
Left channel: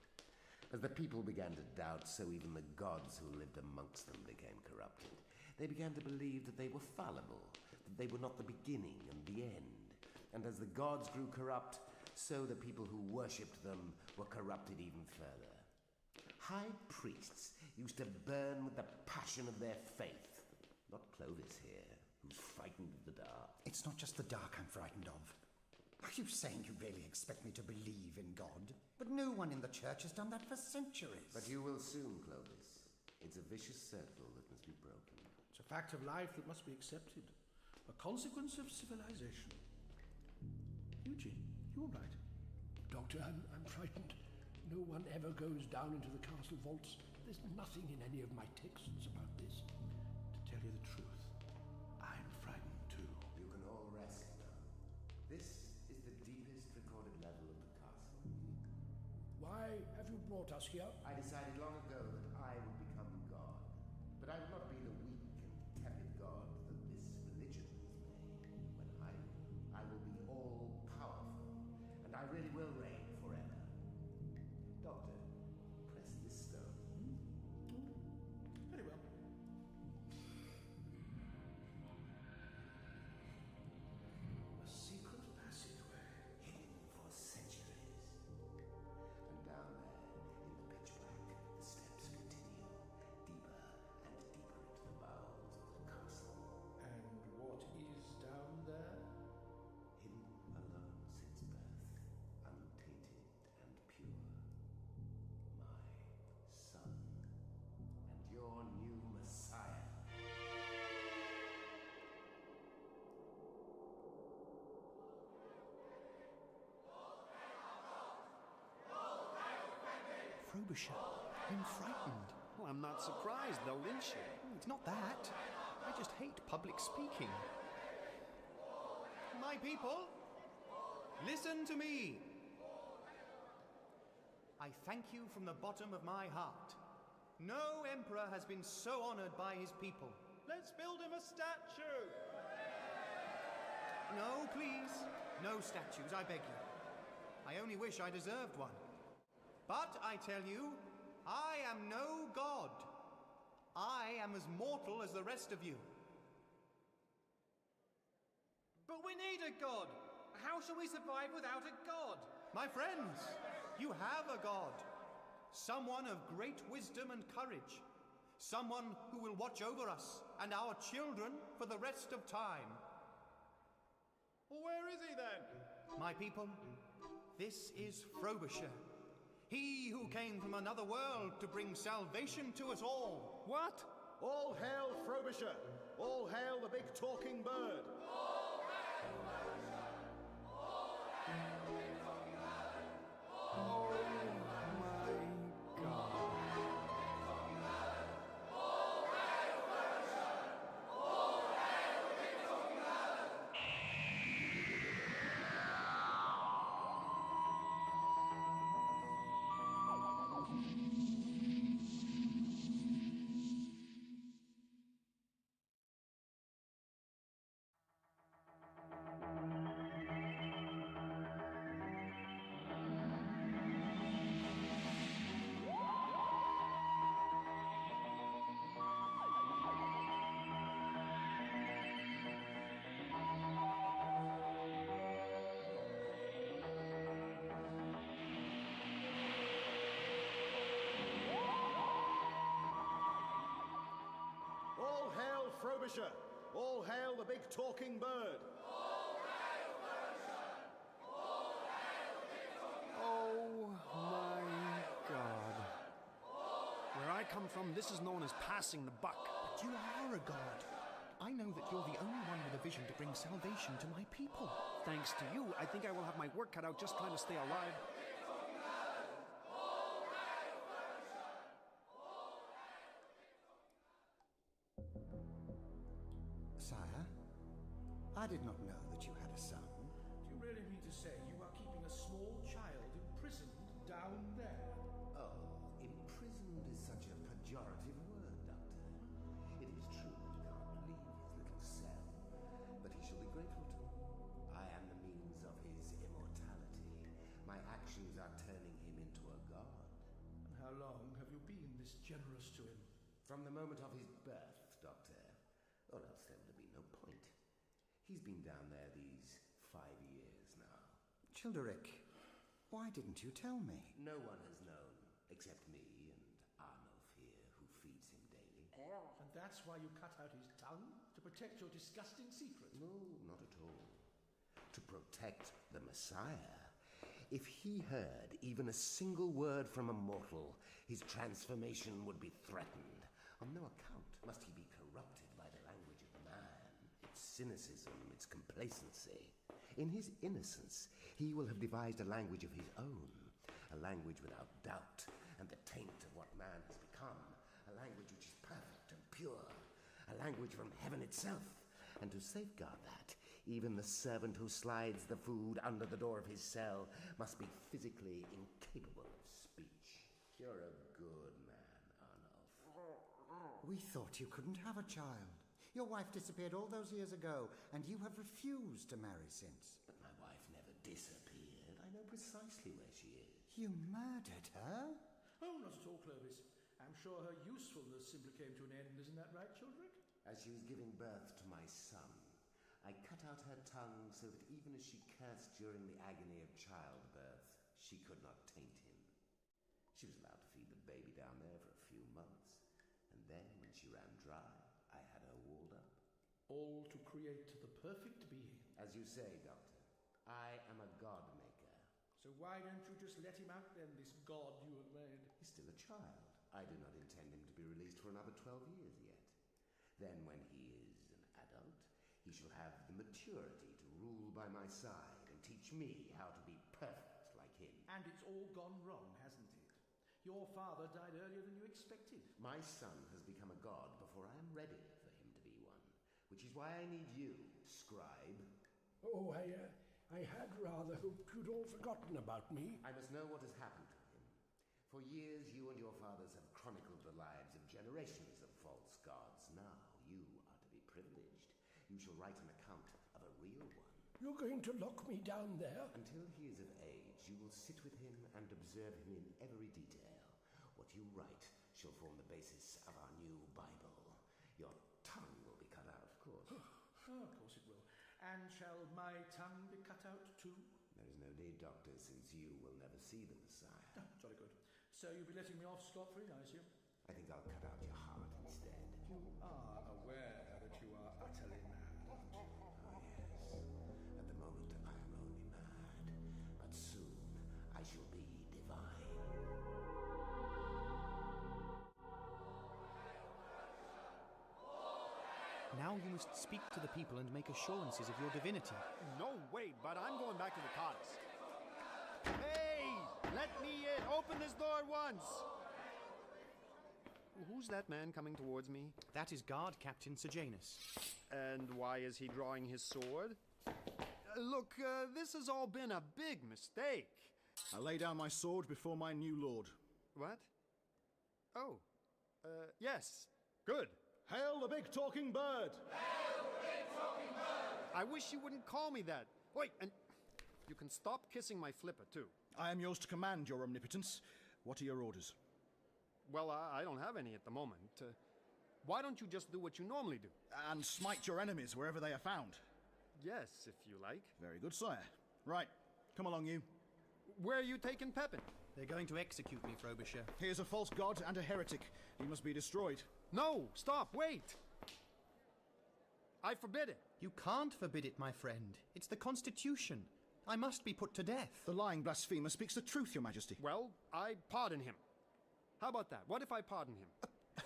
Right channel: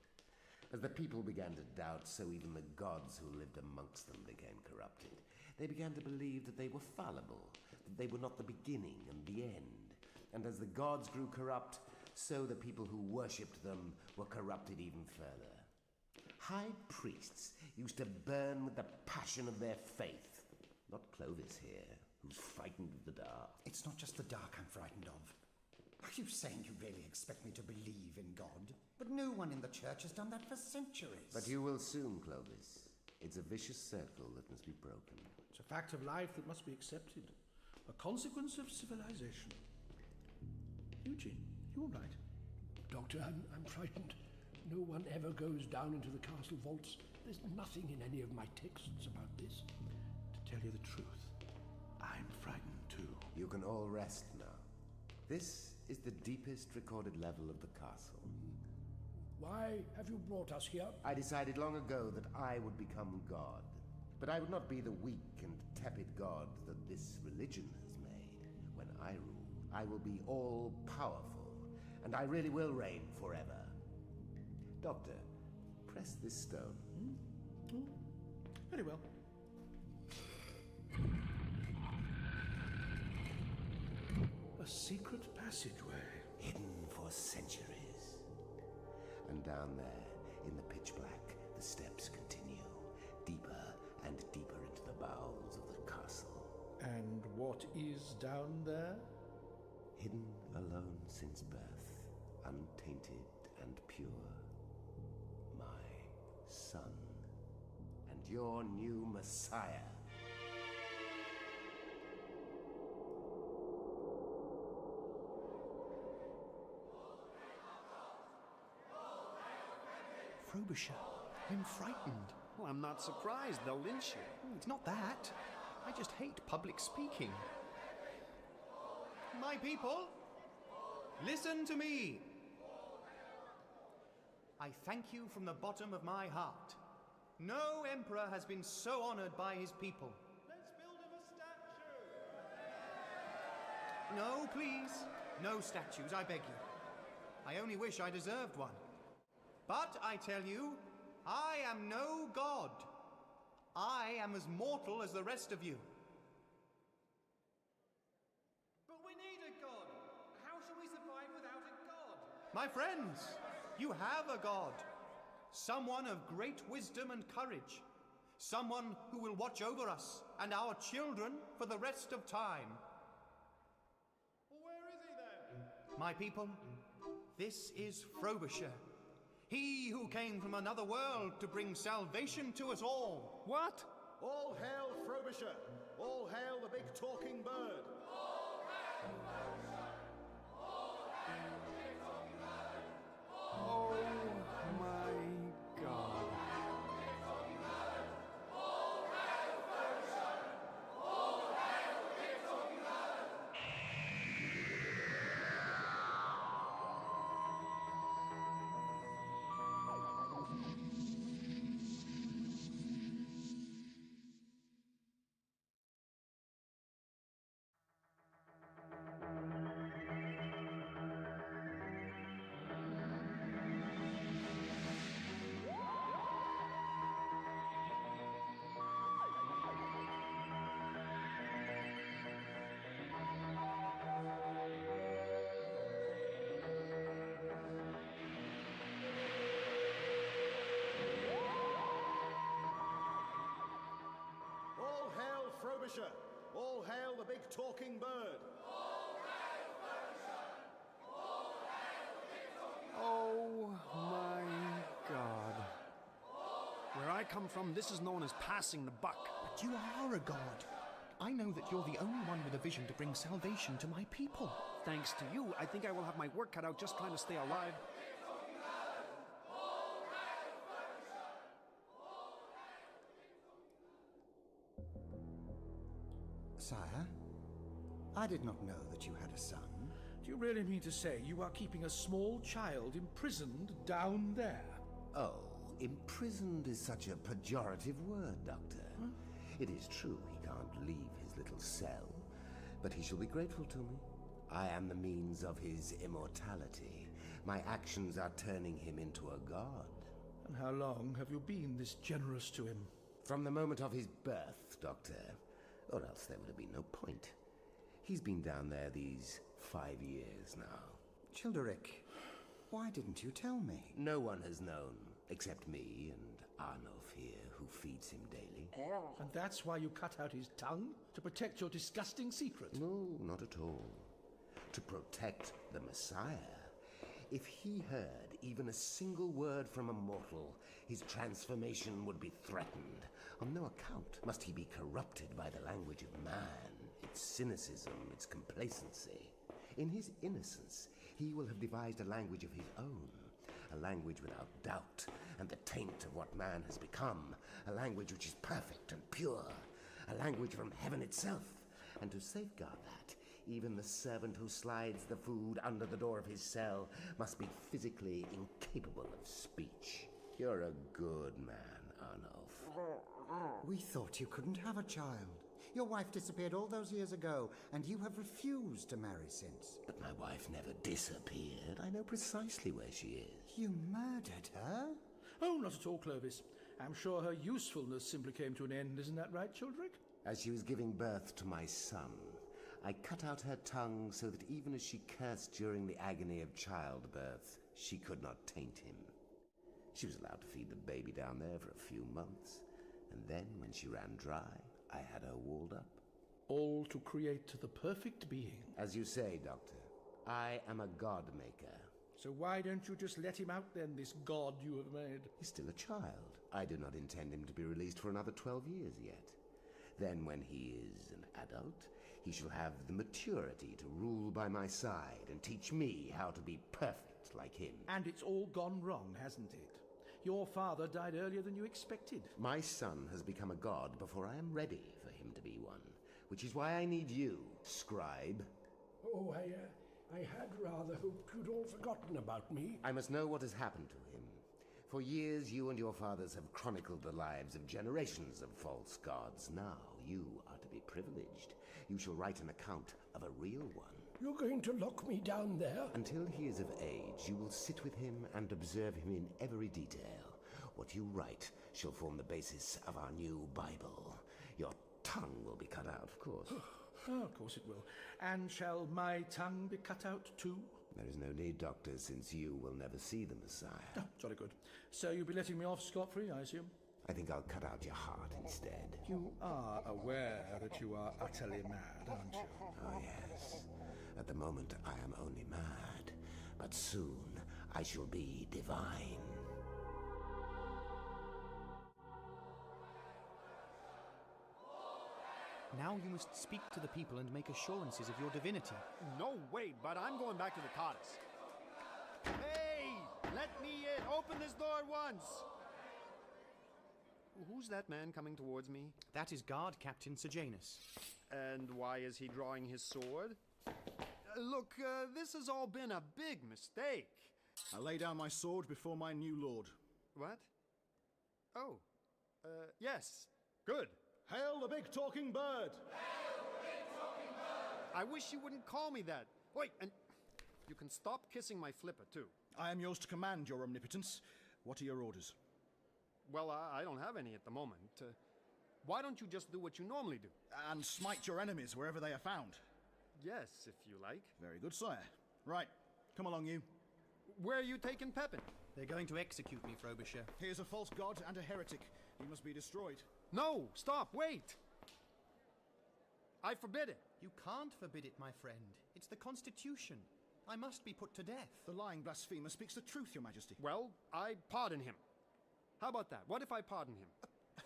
As the people began to doubt, so even the gods who lived amongst them became corrupted. They began to believe that they were fallible, that they were not the beginning and the end. And as the gods grew corrupt, so the people who worshipped them were corrupted even further. High priests used to burn with the passion of their faith. Not Clovis here, who's frightened of the dark. It's not just the dark I'm frightened of. Are you saying you really expect me to believe in God? But no one in the church has done that for centuries. But you will soon, Clovis. It's a vicious circle that must be broken. It's a fact of life that must be accepted. A consequence of civilization. Eugene, you all right? Doctor, I'm frightened. No one ever goes down into the castle vaults. There's nothing in any of my texts about this. To tell you the truth, I'm frightened too. You can all rest now. This is the deepest recorded level of the castle. Why have you brought us here? I decided long ago that I would become God. But I would not be the weak and tepid God that this religion has made. When I rule, I will be all-powerful, and I really will reign forever. Doctor, press this stone. Very well. A secret passageway. Hidden for centuries. And down there, in the pitch black, the steps continue, deeper and deeper into the bowels of the castle. And what is down there? Hidden alone since birth, untainted and pure. My son, and your new Messiah. Frobisher, I'm frightened. Well, I'm not surprised. They'll lynch you. It's not that. I just hate public speaking. My people, listen to me. I thank you from the bottom of my heart. No emperor has been so honored by his people. Let's build him a statue! No, please. No statues, I beg you. I only wish I deserved one. But I tell you, I am no god. I am as mortal as the rest of you. But we need a god. How shall we survive without a god? My friends, you have a god. Someone of great wisdom and courage. Someone who will watch over us and our children for the rest of time. Well, where is he then? My people, this is Frobisher. He who came from another world to bring salvation to us all. What? All hail Frobisher! All hail the big talking bird! All hail Frobisher! All hail the big talking bird! Oh my God. All hail Frobisher! All hail the big talking bird! All hail Frobisher! All hail the big talking bird! All hail Frobisher! All hail the big talking bird! Oh my God. Where I come from, this is known as passing the buck. But you are a god. I know that you're the only one with a vision to bring salvation to my people. Thanks to you, I think I will have my work cut out just trying to stay alive. Sire, I did not know that you had a son. Do you really mean to say you are keeping a small child imprisoned down there? Oh, imprisoned is such a pejorative word, Doctor. It is true he can't leave his little cell, but he shall be grateful to me. I am the means of his immortality. My actions are turning him into a god. And how long have you been this generous to him? From the moment of his birth, Doctor, or else there would have been no point. He's been down there these 5 years now. Childeric, why didn't you tell me? No one has known, except me and Arnulf here, who feeds him daily. And that's why you cut out his tongue? To protect your disgusting secret? No, not at all. To protect the Messiah. If he heard even a single word from a mortal, his transformation would be threatened. On no account must he be corrupted by the language of man, its cynicism, its complacency. In his innocence, he will have devised a language of his own, a language without doubt and the taint of what man has become, a language which is perfect and pure, a language from heaven itself. And to safeguard that, even the servant who slides the food under the door of his cell must be physically incapable of speech. You're a good man, Arnulf. We thought you couldn't have a child. Your wife disappeared all those years ago, and you have refused to marry since. But my wife never disappeared. I know precisely where she is. You murdered her? Oh, not at all, Clovis. I'm sure her usefulness simply came to an end. Isn't that right, Childrick? As she was giving birth to my son, I cut out her tongue so that even as she cursed during the agony of childbirth, she could not taint him. She was allowed to feed the baby down there for a few months, and then when she ran dry, I had her walled up. All to create the perfect being. As you say, Doctor, I am a god maker. So why don't you just let him out then, this god you have made? He's still a child. I do not intend him to be released for another 12 years yet. Then when he is an adult, he shall have the maturity to rule by my side and teach me how to be perfect like him. And it's all gone wrong, hasn't it? Your father died earlier than you expected. My son has become a god before I am ready for him to be one, which is why I need you, scribe. Oh, I had rather hoped you'd all forgotten about me. I must know what has happened to him. For years, you and your fathers have chronicled the lives of generations of false gods. Now, you are to be privileged. You shall write an account of a real one. You're going to lock me down there? Until he is of age, you will sit with him and observe him in every detail. What you write shall form the basis of our new Bible. Your tongue will be cut out, of course. Oh, of course it will. And shall my tongue be cut out too? There is no need, Doctor, since you will never see the Messiah. Oh, jolly good. So you'll be letting me off scot-free, I assume? I think I'll cut out your heart instead. You are aware that you are utterly mad, aren't you? Oh, yes. At the moment, I am only mad. But soon, I shall be divine. Now you must speak to the people and make assurances of your divinity. No, wait, but I'm going back to the TARDIS. Hey! Let me in! Open this door at once! Who's that man coming towards me? That is Guard Captain Sejanus. And why is he drawing his sword? Look, this has all been a big mistake. I lay down my sword before my new lord. What? Oh. Yes. Good. Hail the big talking bird! Hail the big talking bird! I wish you wouldn't call me that. Wait, and you can stop kissing my flipper, too. I am yours to command, your omnipotence. What are your orders? Well, I don't have any at the moment. Why don't you just do what you normally do? And smite your enemies wherever they are found. Yes, if you like. Very good, sire. Right, come along, you. Where are you taking Pepin? They're going to execute me, Frobisher. He is a false god and a heretic. He must be destroyed. No, stop, wait! I forbid it. You can't forbid it, my friend. It's the Constitution. I must be put to death. The lying blasphemer speaks the truth, your majesty. Well, I pardon him. How about that? What if I pardon him?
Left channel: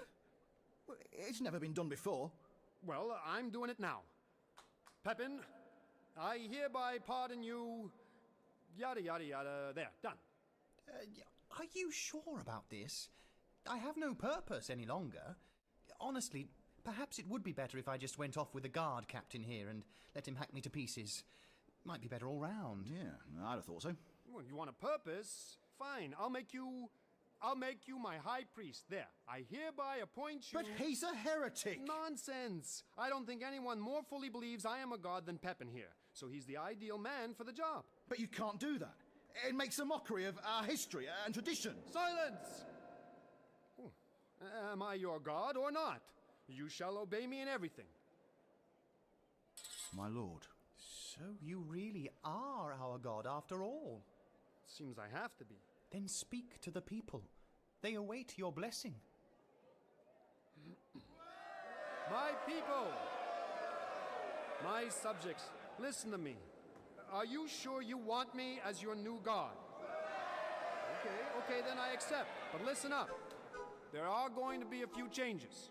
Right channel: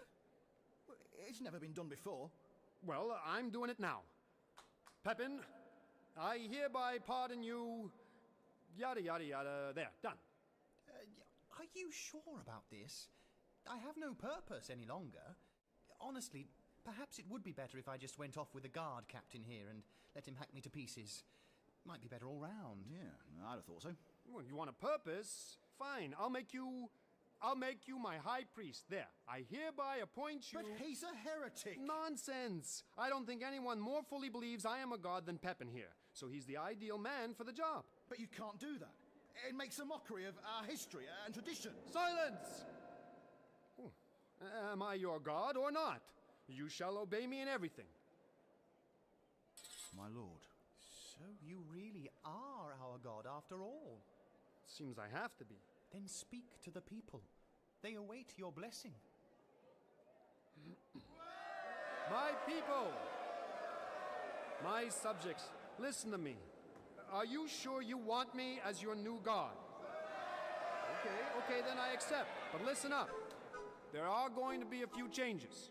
It's never been done before. Well, I'm doing it now. Pepin, I hereby pardon you... Yada, yada, yada. There, done. Are you sure about this? I have no purpose any longer. Honestly, perhaps it would be better if I just went off with the guard captain here and let him hack me to pieces. Might be better all round. Yeah, I'd have thought so. Well, you want a purpose? Fine, I'll make you my high priest. There, I hereby appoint you... But he's a heretic! Nonsense! I don't think anyone more fully believes I am a god than Pepin here. So he's the ideal man for the job. But you can't do that. It makes a mockery of our history and tradition. Silence! Am I your god or not? You shall obey me in everything. My lord. So you really are our god after all? Seems I have to be. Then speak to the people. They await your blessing. My people! My subjects, listen to me. Are you sure you want me as your new god? Okay, then I accept. But listen up. There are going to be a few changes.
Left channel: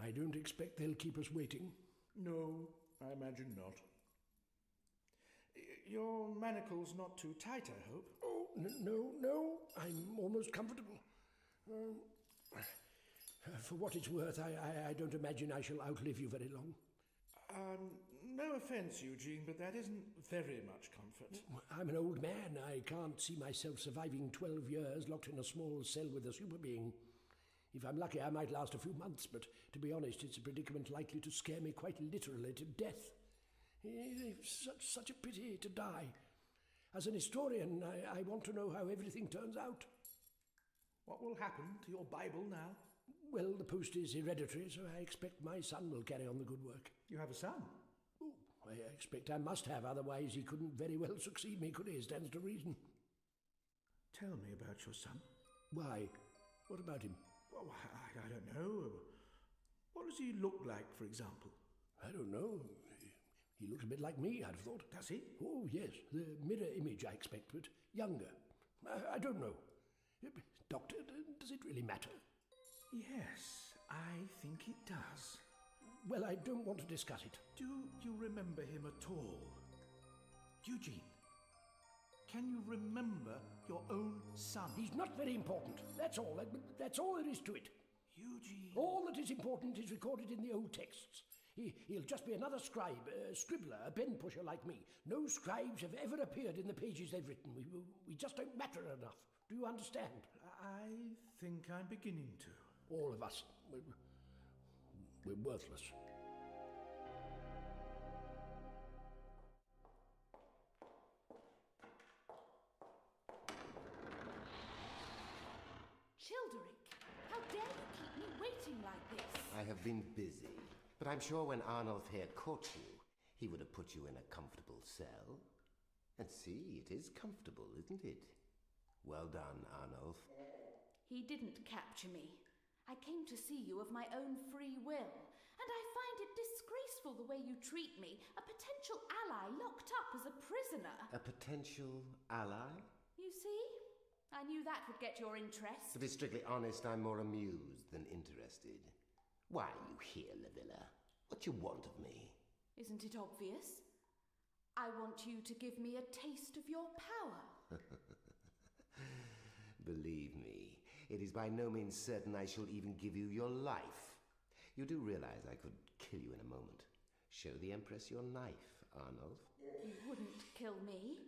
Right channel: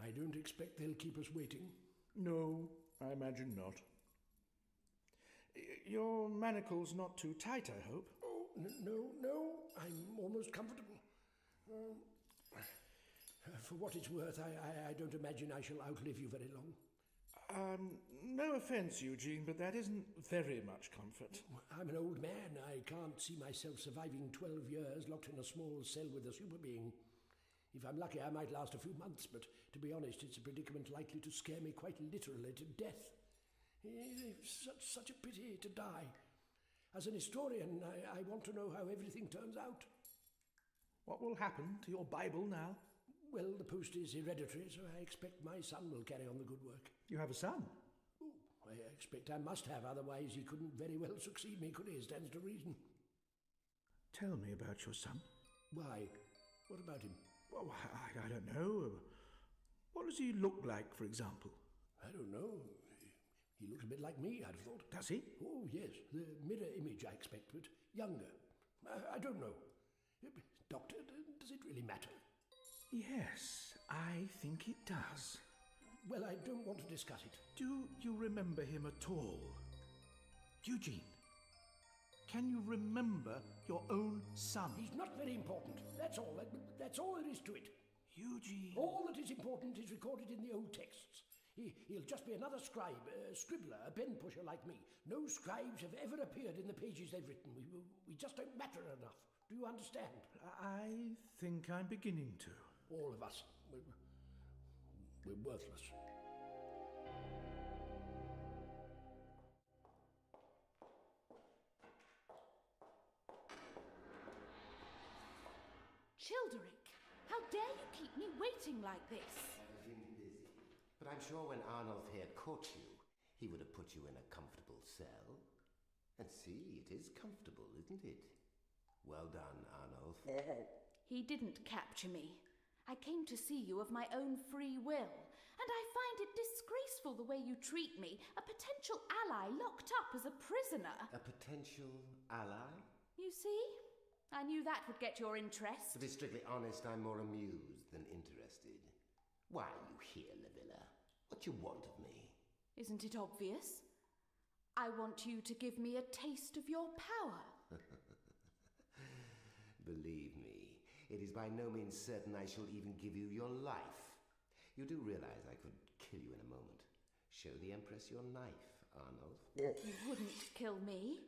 I don't expect they'll keep us waiting. No, I imagine not. Your manacle's not too tight, I hope. Oh, no. I'm almost comfortable. For what it's worth, I don't imagine I shall outlive you very long. No offence, Eugene, but that isn't very much comfort. I'm an old man. I can't see myself surviving 12 years locked in a small cell with a super being. If I'm lucky, I might last a few months, but to be honest, it's a predicament likely to scare me quite literally to death. It's such a pity to die. As an historian, I want to know how everything turns out. What will happen to your Bible now? Well, the post is hereditary, so I expect my son will carry on the good work. You have a son? Oh, I expect I must have, otherwise he couldn't very well succeed me, could he? Stands to reason. Tell me about your son. Why? What about him? Well, I don't know. What does he look like, for example? I don't know. He looks a bit like me, I'd have thought. Does he? Oh, yes. The mirror image, I expect, but younger. I don't know. Doctor, does it really matter? Yes, I think it does. Well, I don't want to discuss it. Do you remember him at all? Eugene, can you remember your own son? He's not very important. That's all. That's all there is to it. Eugene. All that is important is recorded in the old texts. He'll just be another scribe, a scribbler, a pen pusher like me. No scribes have ever appeared in the pages they've written. We just don't matter enough. Do you understand? I think I'm beginning to. All of us. We're worthless. Childeric, how dare you keep me waiting like this? I have been busy, but I'm sure when Arnulf here caught you, he would have put you in a comfortable cell. And see, it is comfortable, isn't it? Well done, Arnulf. He didn't capture me. I came to see you of my own free will, and I find it disgraceful the way you treat me, a potential ally locked up as a prisoner. A potential ally? You see? I knew that would get your interest. To be strictly honest, I'm more amused than interested. Why are you here, Livilla? What you want of me? Isn't it obvious? I want you to give me a taste of your power. Believe me, it is by no means certain I shall even give you your life. You do realize I could kill you in a moment. Show the Empress your knife, Arnulf. You wouldn't kill me.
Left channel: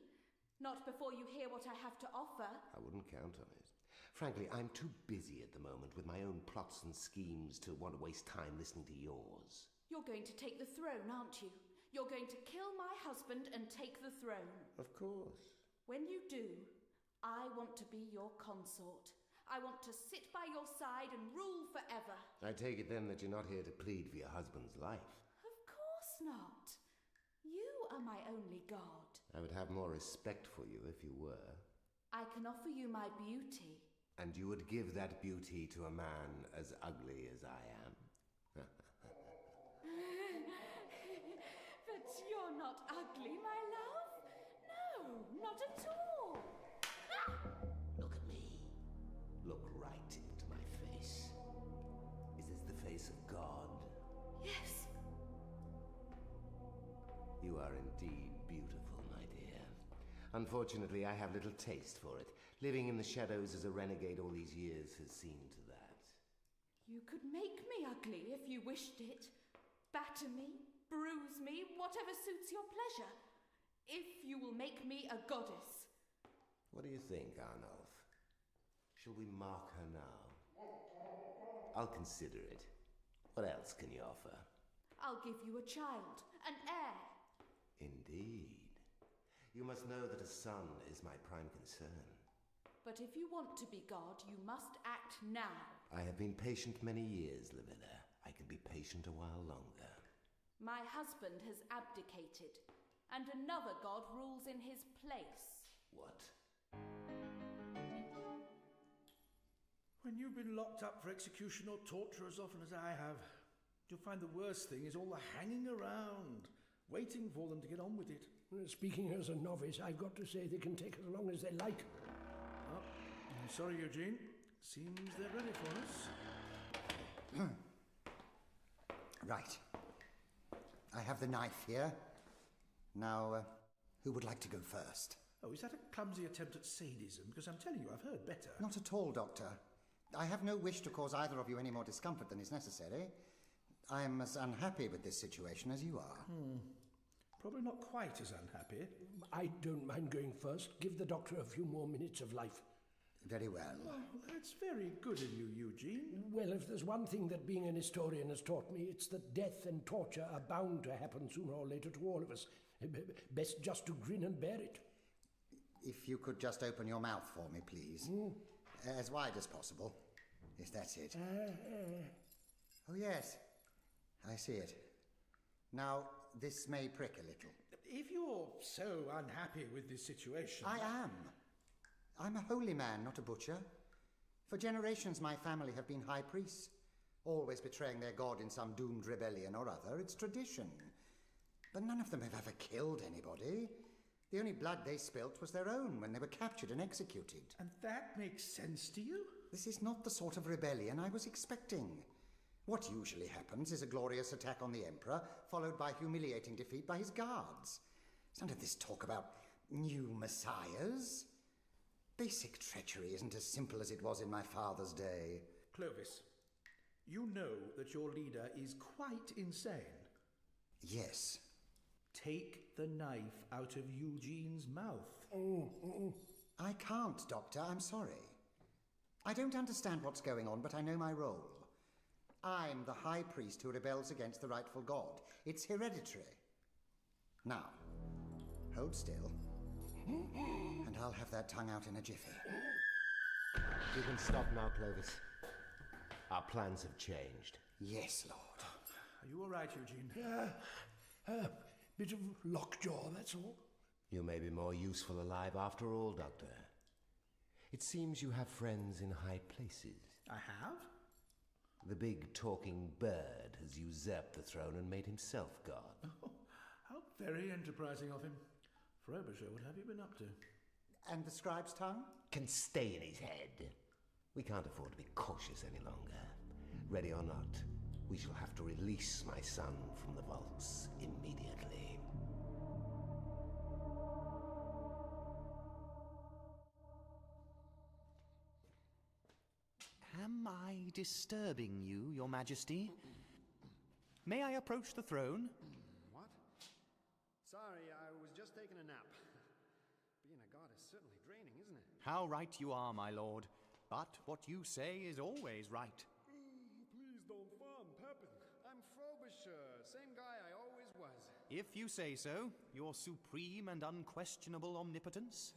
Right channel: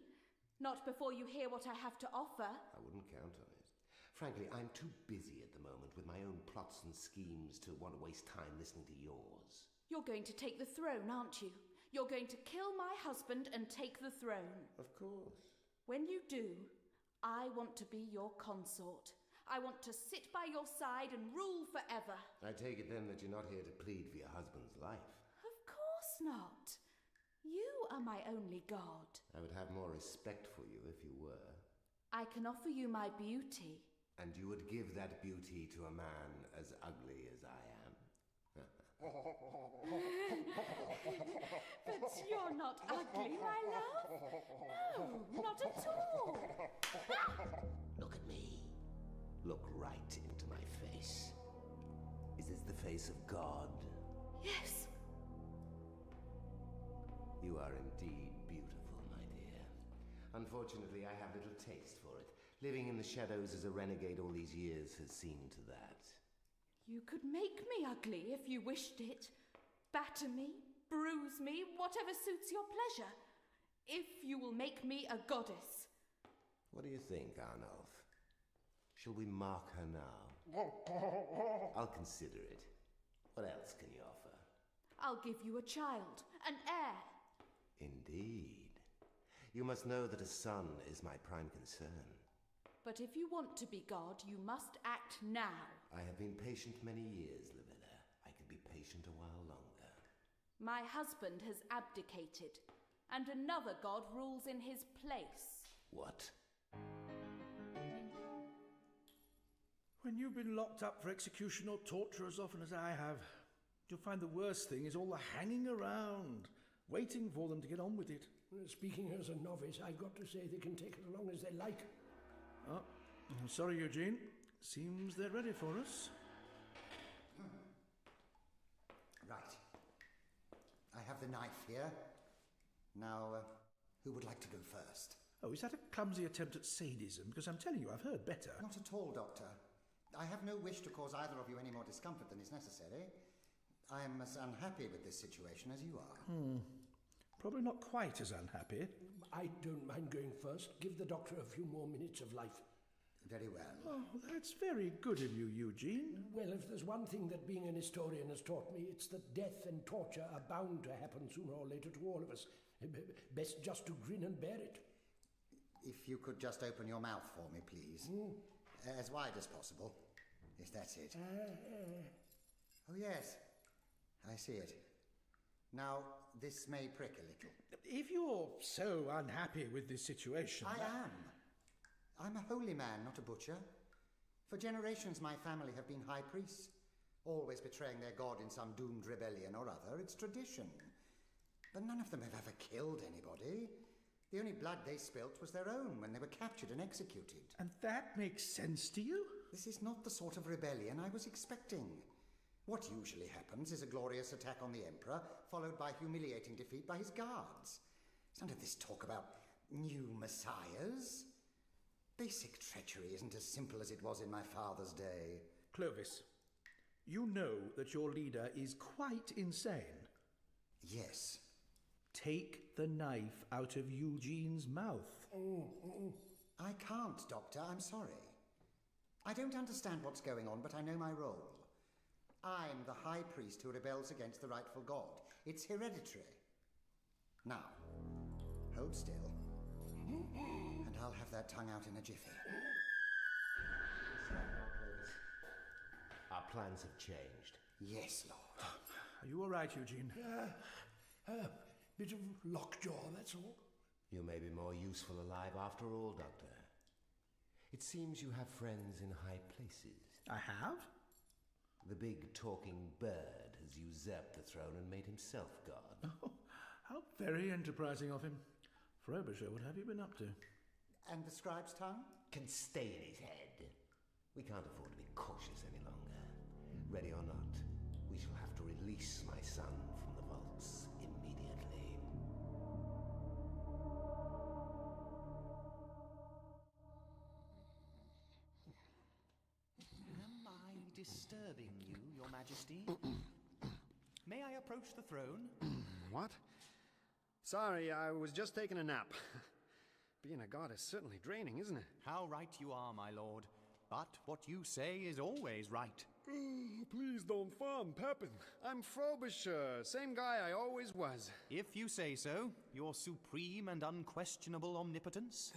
Not before you hear what I have to offer. I wouldn't count on it. Frankly, I'm too busy at the moment with my own plots and schemes to want to waste time listening to yours. You're going to take the throne, aren't you? You're going to kill my husband and take the throne. Of course. When you do, I want to be your consort. I want to sit by your side and rule forever. I take it then that you're not here to plead for your husband's life. Of course not. You are my only god. I would have more respect for you if you were. I can offer you my beauty. And you would give that beauty to a man as ugly as I am. But you're not ugly, my love. No, not at all. Look at me. Look right into my face. Is this the face of God? Yes. You are indeed beautiful, my dear. Unfortunately, I have little taste for it. Living in the shadows as a renegade all these years has seen to that. You could make me ugly if you wished it. Batter me, bruise me, whatever suits your pleasure. If you will make me a goddess. What do you think, Arnulf? Shall we mark her now? I'll consider it. What else can you offer? I'll give you a child, an heir. Indeed. You must know that a son is my prime concern. But if you want to be God, you must act now. I have been patient many years, Livilla. I can be patient a while longer. My husband has abdicated, and another god rules in his place. What? When you've been locked up for execution or torture as often as I have, you'll find the worst thing is all the hanging around, waiting for them to get on with it. Speaking as a novice, I've got to say they can take as long as they like. Oh, I'm sorry, Eugene. Seems they're ready for us. Right. I have the knife here. Now, who would like to go first? Oh, is that a clumsy attempt at sadism? Because I'm telling you, I've heard better. Not at all, Doctor. I have no wish to cause either of you any more discomfort than is necessary. I am as unhappy with this situation as you are. Probably not quite as unhappy. I don't mind going first. Give the doctor a few more minutes of life. Very well. Oh, that's very good of you, Eugene. Well, if there's one thing that being an historian has taught me, it's that death and torture are bound to happen sooner or later to all of us. Best just to grin and bear it. If you could just open your mouth for me, please. As wide as possible. Yes, that's it. Oh, yes. I see it. Now, this may prick a little. If you're so unhappy with this situation... I am. I'm a holy man, not a butcher. For generations, my family have been high priests, always betraying their god in some doomed rebellion or other. It's tradition. But none of them have ever killed anybody. The only blood they spilt was their own when they were captured and executed. And that makes sense to you? This is not the sort of rebellion I was expecting. What usually happens is a glorious attack on the Emperor, followed by humiliating defeat by his guards. None of this talk about new messiahs. Basic treachery isn't as simple as it was in my father's day. Clovis, you know that your leader is quite insane. Yes. Take the knife out of Eugene's mouth. I can't, Doctor. I'm sorry. I don't understand what's going on, but I know my role. I'm the high priest who rebels against the rightful god. It's hereditary. Now, hold still, and I'll have that tongue out in a jiffy. You can stop now, Clovis. Our plans have changed. Yes, Lord. Are you all right, Eugene? Bit of lockjaw, that's all. You may be more useful alive after all, Doctor. It seems you have friends in high places. I have? The big talking bird has usurped the throne and made himself god. Oh, how very enterprising of him. Frobisher, what have you been up to? And the scribe's tongue? Can stay in his head. We can't afford to be cautious any longer. Ready or not, we shall have to release my son from the vaults immediately. Am I disturbing you, Your Majesty? May I approach the throne? What? Sorry, I was just taking a nap. Being a god is certainly draining, isn't it? How right you are, my lord. But what you say is always right. Please don't farm Pepin. I'm Frobisher, same guy I always was. If you say so, your supreme and unquestionable omnipotence.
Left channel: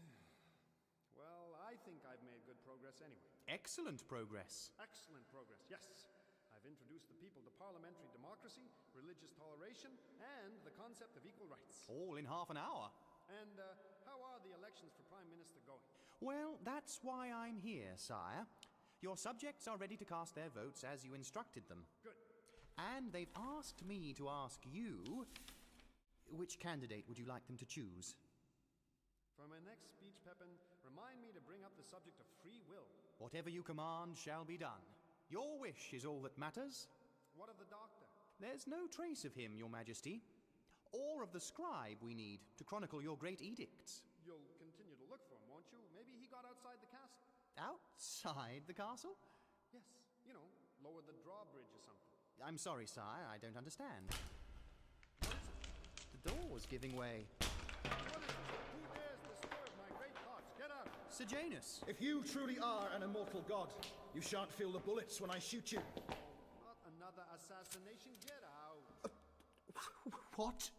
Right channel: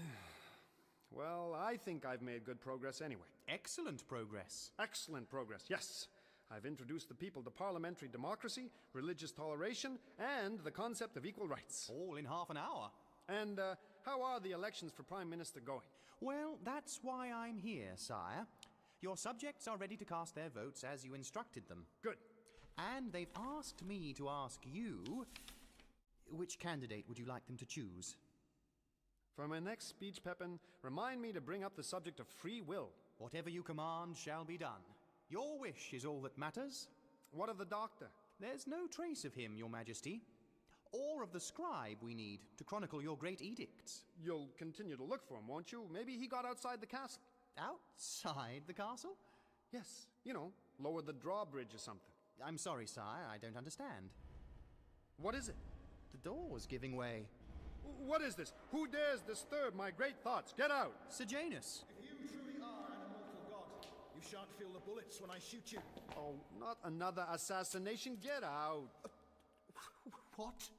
Well, I think I've made good progress anyway. Excellent progress. Excellent progress, yes. I've introduced the people to parliamentary democracy, religious toleration, and the concept of equal rights. All in half an hour. And how are the elections for Prime Minister going? Well, that's why I'm here, sire. Your subjects are ready to cast their votes as you instructed them. Good. And they've asked me to ask you, which candidate would you like them to choose? For my next speech, Pepin, remind me to bring up the subject of free will. Whatever you command shall be done. Your wish is all that matters. What of the doctor? There's no trace of him, Your Majesty. Or of the scribe we need to chronicle your great edicts. You'll continue to look for him, won't you? Maybe he got outside the castle. Outside the castle? Yes, you know, lower the drawbridge or something. I'm sorry, sire, I don't understand. What is it? The door's giving way. What is this? Who dares disturb my great thoughts? Get out! Sejanus! If you truly are an immortal god, you shan't feel the bullets when I shoot you. Oh, not another assassination. Get out! What?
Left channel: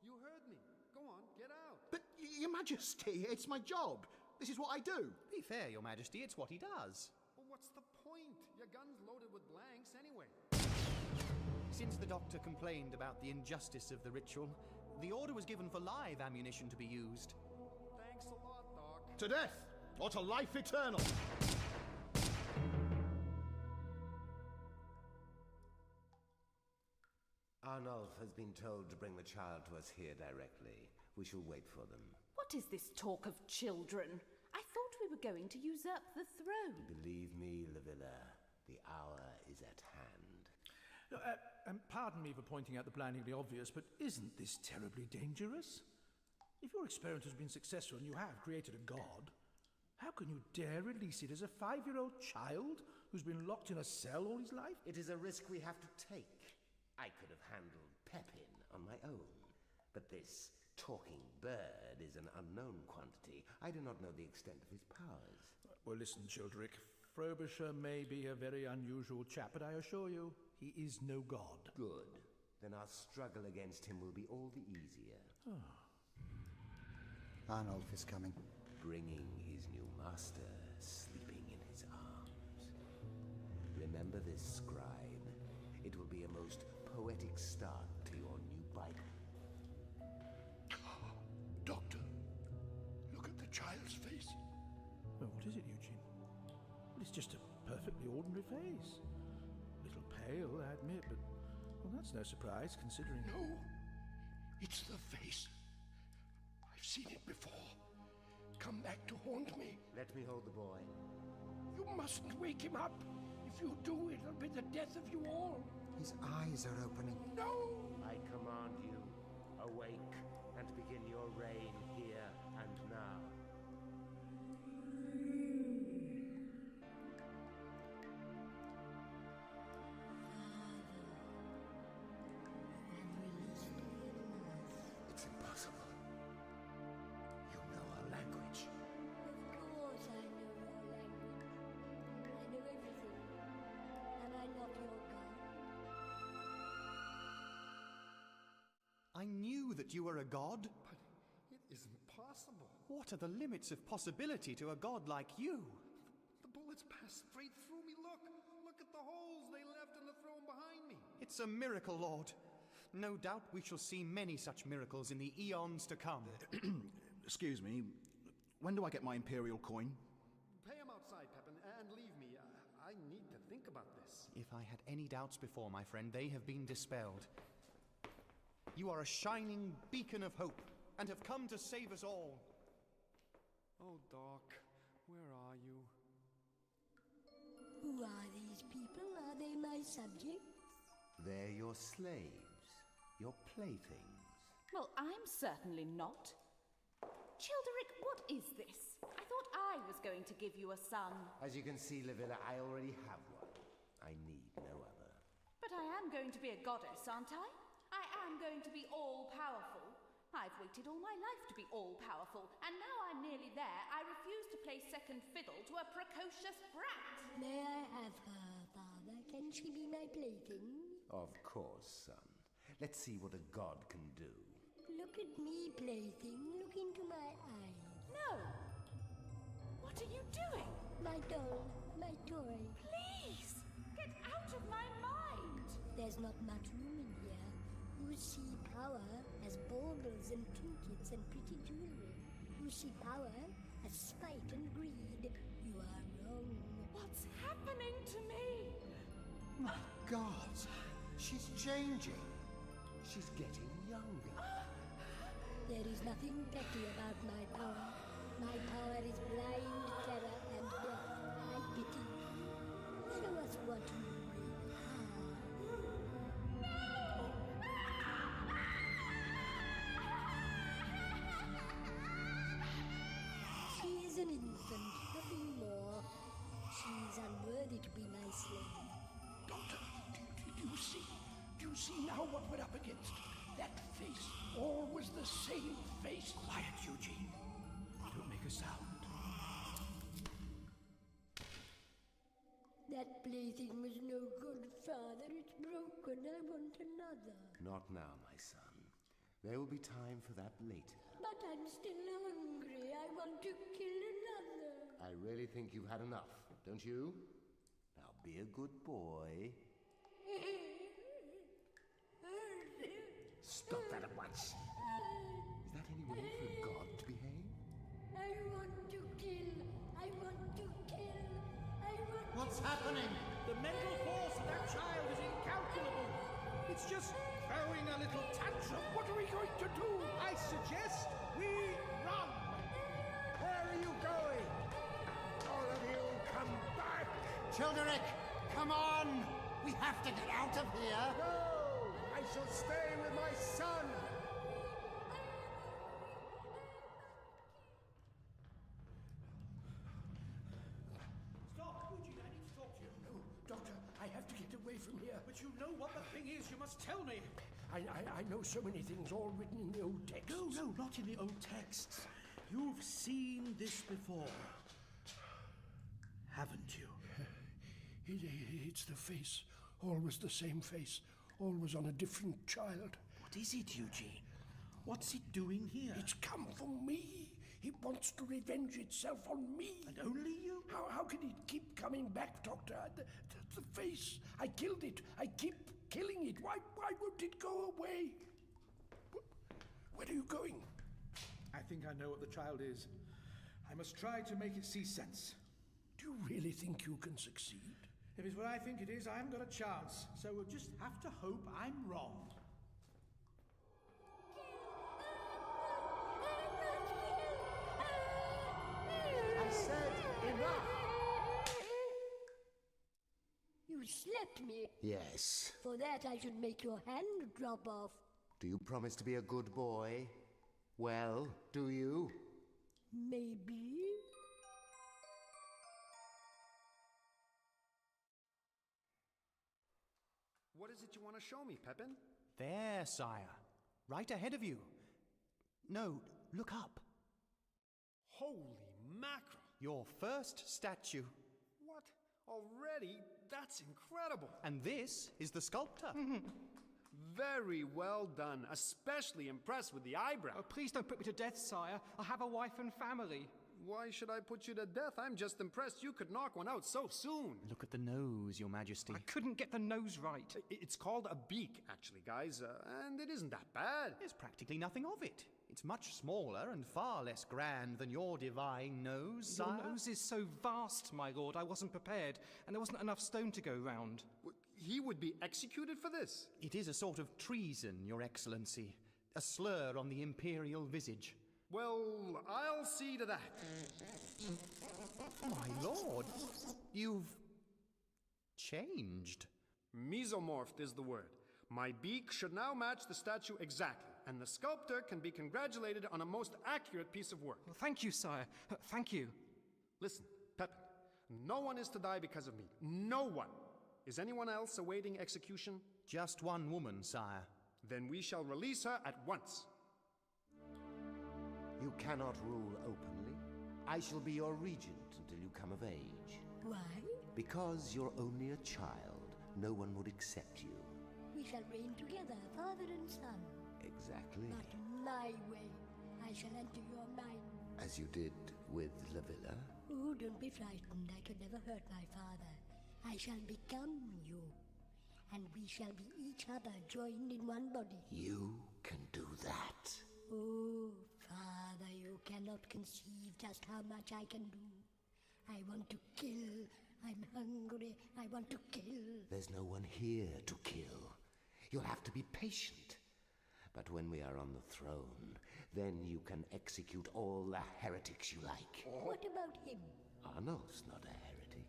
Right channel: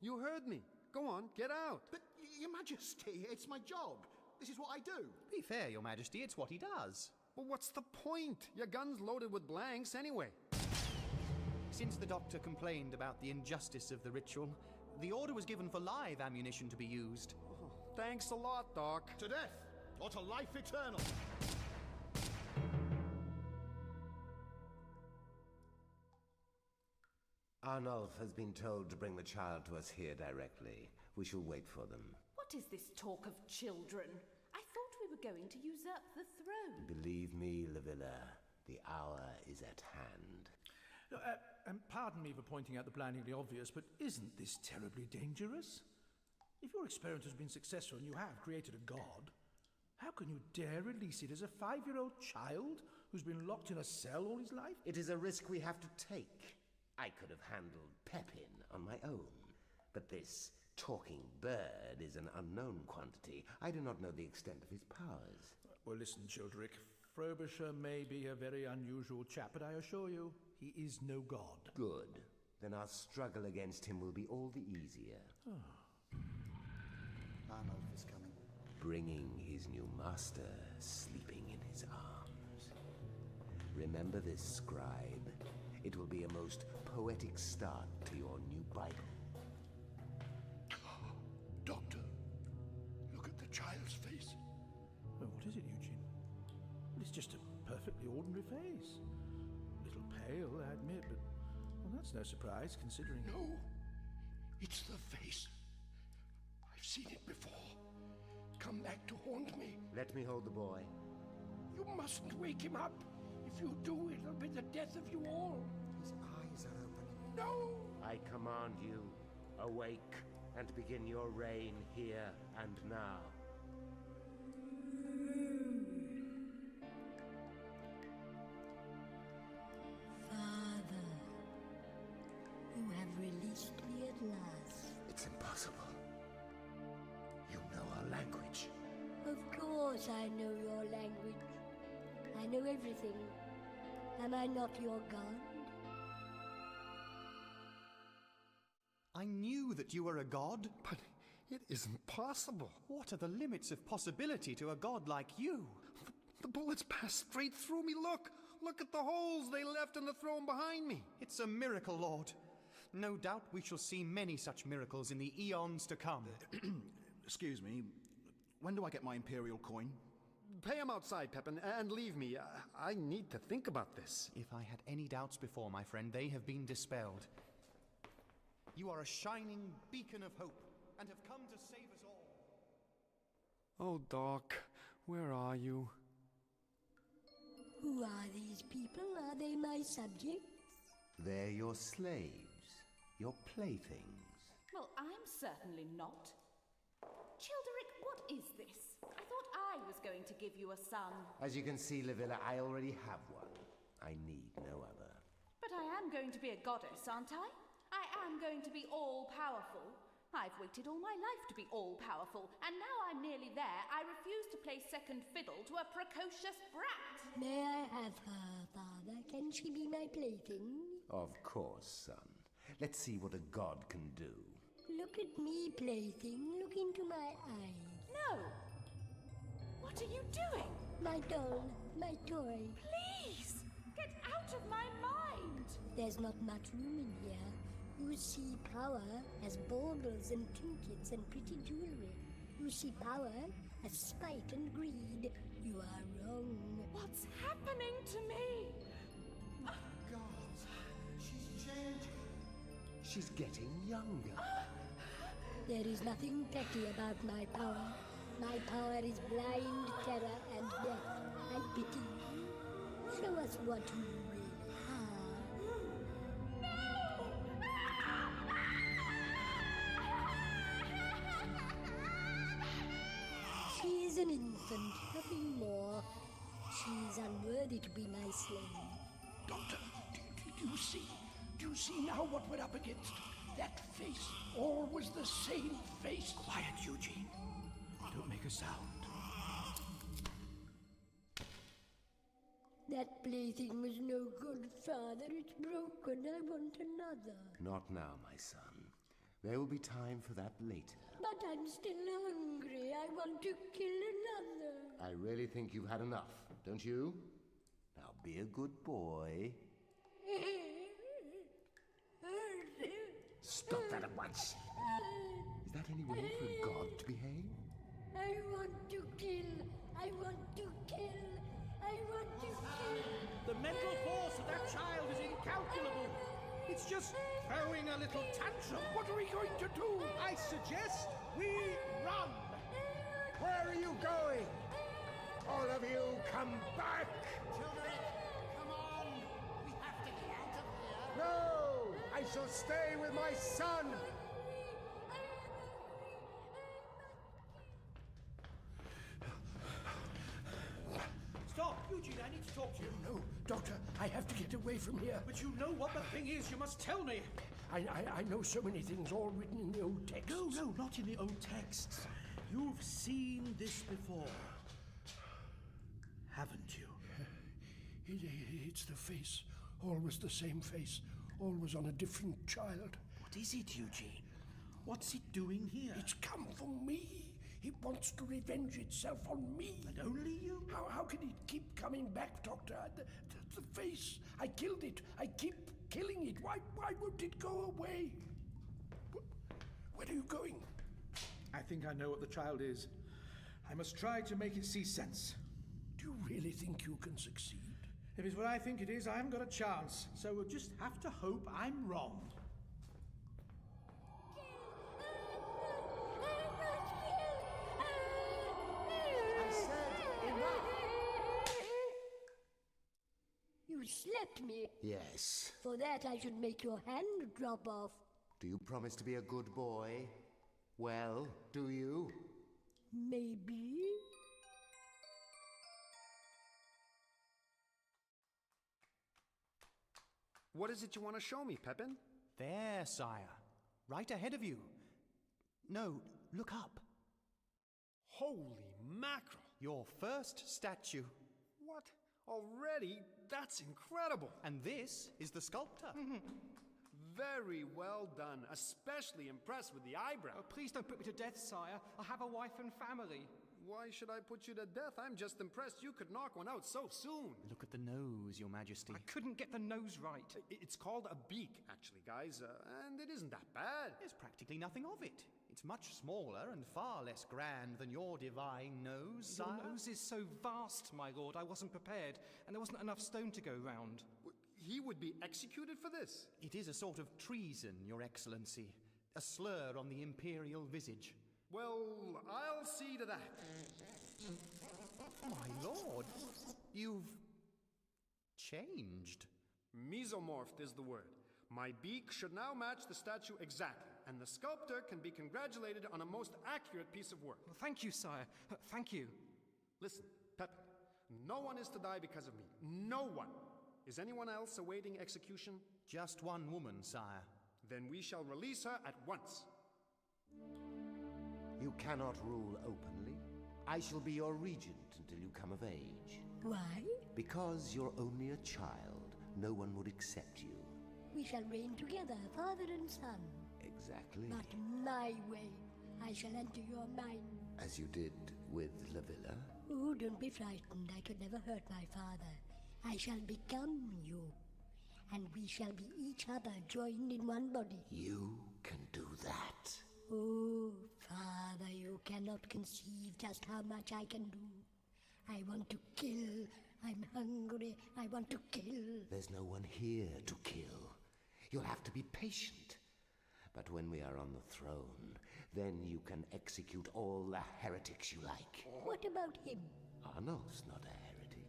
You heard me. Go on, get out. But, Your Majesty, it's my job. This is what I do. Be fair, Your Majesty, it's what he does. But what's the point? Your gun's loaded with blanks anyway. Since the doctor complained about the injustice of the ritual, the order was given for live ammunition to be used. Oh, thanks a lot, Doc. To death, or to life eternal. Arnulf has been told to bring the child to us here directly. We shall wait for them. What is this talk of children? I thought we were going to usurp the throne. Believe me, Livilla, the hour is at hand. Pardon me for pointing out the blindingly obvious, but isn't this terribly dangerous? If your experiment has been successful and you have created a god, how can you dare release it as a 5-year-old child who's been locked in a cell all his life? It is a risk we have to take. I could have handled Pepin on my own, but this talking bird is an unknown quantity. I do not know the extent of his powers. Well, listen, Childeric. Frobisher may be a very unusual chap, but I assure you, he is no god. Good. Then our struggle against him will be all the easier. Arnulf is coming. Bringing his new master sleeping in his arms. Remember this, scribe. It will be a most poetic start to your new Bible. Doctor, look at the child's face. Well, what is it, Eugene? Well, it's just a perfectly ordinary face. A little pale, I admit, but well, that's no surprise, considering... No, it's the face. I've seen it before. Come back to haunt me. Let me hold the boy. You mustn't wake him up. If you do, it'll be the death of you all. His eyes are opening. No! I command you, awake and begin your reign here and now. Father, you have released me at last. It's impossible. You know our language. Of course I know your language. I know everything. Am I not your god? I knew that you were a god. But it isn't possible. What are the limits of possibility to a god like you? The bullets passed straight through me. Look at the holes they left in the throne behind me. It's a miracle, Lord. No doubt we shall see many such miracles in the eons to come. Excuse me, when do I get my Imperial coin? Pay him outside, Pepin, and leave me. I need to think about this. If I had any doubts before, my friend, they have been dispelled. You are a shining beacon of hope, and have come to save us all. Oh, Doc, where are you? Who are these people? Are they my subjects? They're your slaves, your playthings. Well, I'm certainly not. Childeric, what is this? I thought I was going to give you a son. As you can see, Livilla, I already have one. I need no other. But I am going to be a goddess, aren't I? I am going to be all-powerful. I've waited all my life to be all-powerful, and now I'm nearly there. I refuse to play second fiddle to a precocious brat. May I have her, Father? Can she be my plaything? Of course, son. Let's see what a god can do. Look at me, plaything. Look into my eyes. No! What are you doing? My doll, my toy. Please! Get out of my mind! There's not much room in here. You see power as baubles and trinkets and pretty jewelry. You see power as spite and greed. You are wrong. What's happening to me? My God, she's changing. She's getting younger. There is nothing petty about my power. My power is blind terror and death. I pity you. Show us what you really are. She is an infant, nothing more. She is unworthy to be my slave. Doctor, do you see? Do you see now what we're up against? That face, always the same face. Quiet, Eugene. Don't make a sound. That plaything was no good, Father. It's broken. I want another. Not now, my son. There will be time for that later. But I'm still hungry. I want to kill another. I really think you've had enough, don't you? Now be a good boy. Stop that at once. Is that any way for a god to behave? I want to kill. I want to kill. I want What's to happening? The mental force of that child is incalculable. It's It's just throwing a little tantrum. What are we going to do? I suggest we run. Where are you going? All of you, come back! Childeric, come on! We have to get out of here! No! I shall stay with my son! Stop! Eugene, I need to talk to you. No, Doctor, I have to get away from here. But you know what the thing is. You must tell me. I know so many things, all written in the old texts. No, not in the old texts. You've seen this before, haven't you? It's the face. Always the same face. Always on a different child. What is it, Eugene? What's it doing here? It's come for me. It wants to revenge itself on me. And only you? How can it keep coming back, Doctor? The face. I killed it. I keep killing it. Why won't it go away? Where are you going? I think I know what the child is. I must try to make it see sense. Do you really think you can succeed? If it's what I think it is, I haven't got a chance. So we'll just have to hope I'm wrong. I said enough! You slapped me. Yes. For that I should make your hand drop off. Do you promise to be a good boy? Well, do you? Maybe. What is it you want to show me, Pepin? There, sire. Right ahead of you. No, look up. Holy mackerel! Your first statue. What? Already? That's incredible! And this is the sculptor. Very well done. Especially impressed with the eyebrow. Oh, please don't put me to death, sire. I have a wife and family. Why should I put you to death? I'm just impressed you could knock one out so soon. Look at the nose, your majesty. I couldn't get the nose right. It's called a beak, actually, guys, and it isn't that bad. There's practically nothing of it. It's much smaller and far less grand than your divine nose, sire. Your nose is so vast, my lord, I wasn't prepared, and there wasn't enough stone to go round. He would be executed for this. It is a sort of treason, your excellency. A slur on the imperial visage. Well, I'll see to that. My lord, you've changed. Mesomorphed is the word. My beak should now match the statue exactly, and the sculptor can be congratulated on a most accurate piece of work. Well, thank you, sire. Thank you. Listen, Pepin, no one is to die because of me. No one. Is anyone else awaiting execution? Just one woman, sire. Then we shall release her at once. You cannot rule openly. I shall be your regent until you come of age. Why? Because you're only a child. No one would accept you. We shall reign together, father and son. Exactly. Not my way. I shall enter your mind. As you did with La Villa. Oh, don't be frightened. I could never hurt my father. I shall become you. And we shall be each other joined in one body. You can do that. Oh, Father, you cannot conceive just how much I can do. I want to kill. I'm hungry. I want to kill. There's no one here to kill. You'll have to be patient. But when we are on the throne, then you can execute all the heretics you like. What about him? Arno's not a heretic.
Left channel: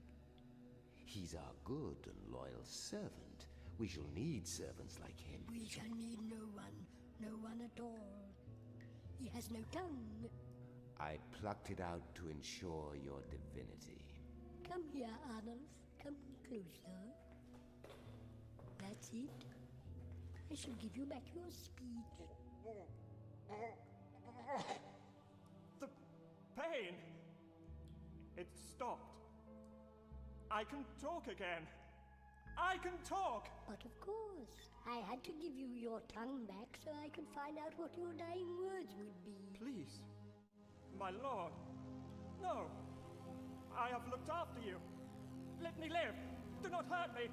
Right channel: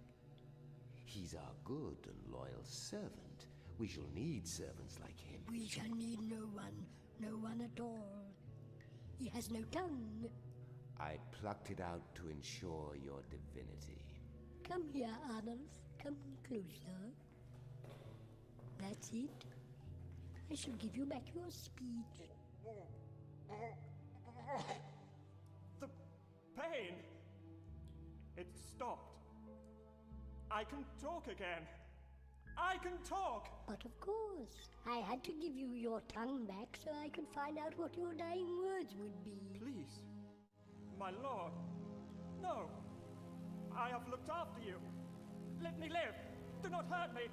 He's our good and loyal servant. We shall need servants like him. We shall need no one at all. He has no tongue. I plucked it out to ensure your divinity. Come here, Arnold. Come closer. That's it. I shall give you back your speech. The pain! It stopped. I can talk again. I can talk! But of course, I had to give you your tongue back so I could find out what your dying words would be. Please, my lord, no. I have looked after you. Let me live. Do not hurt me.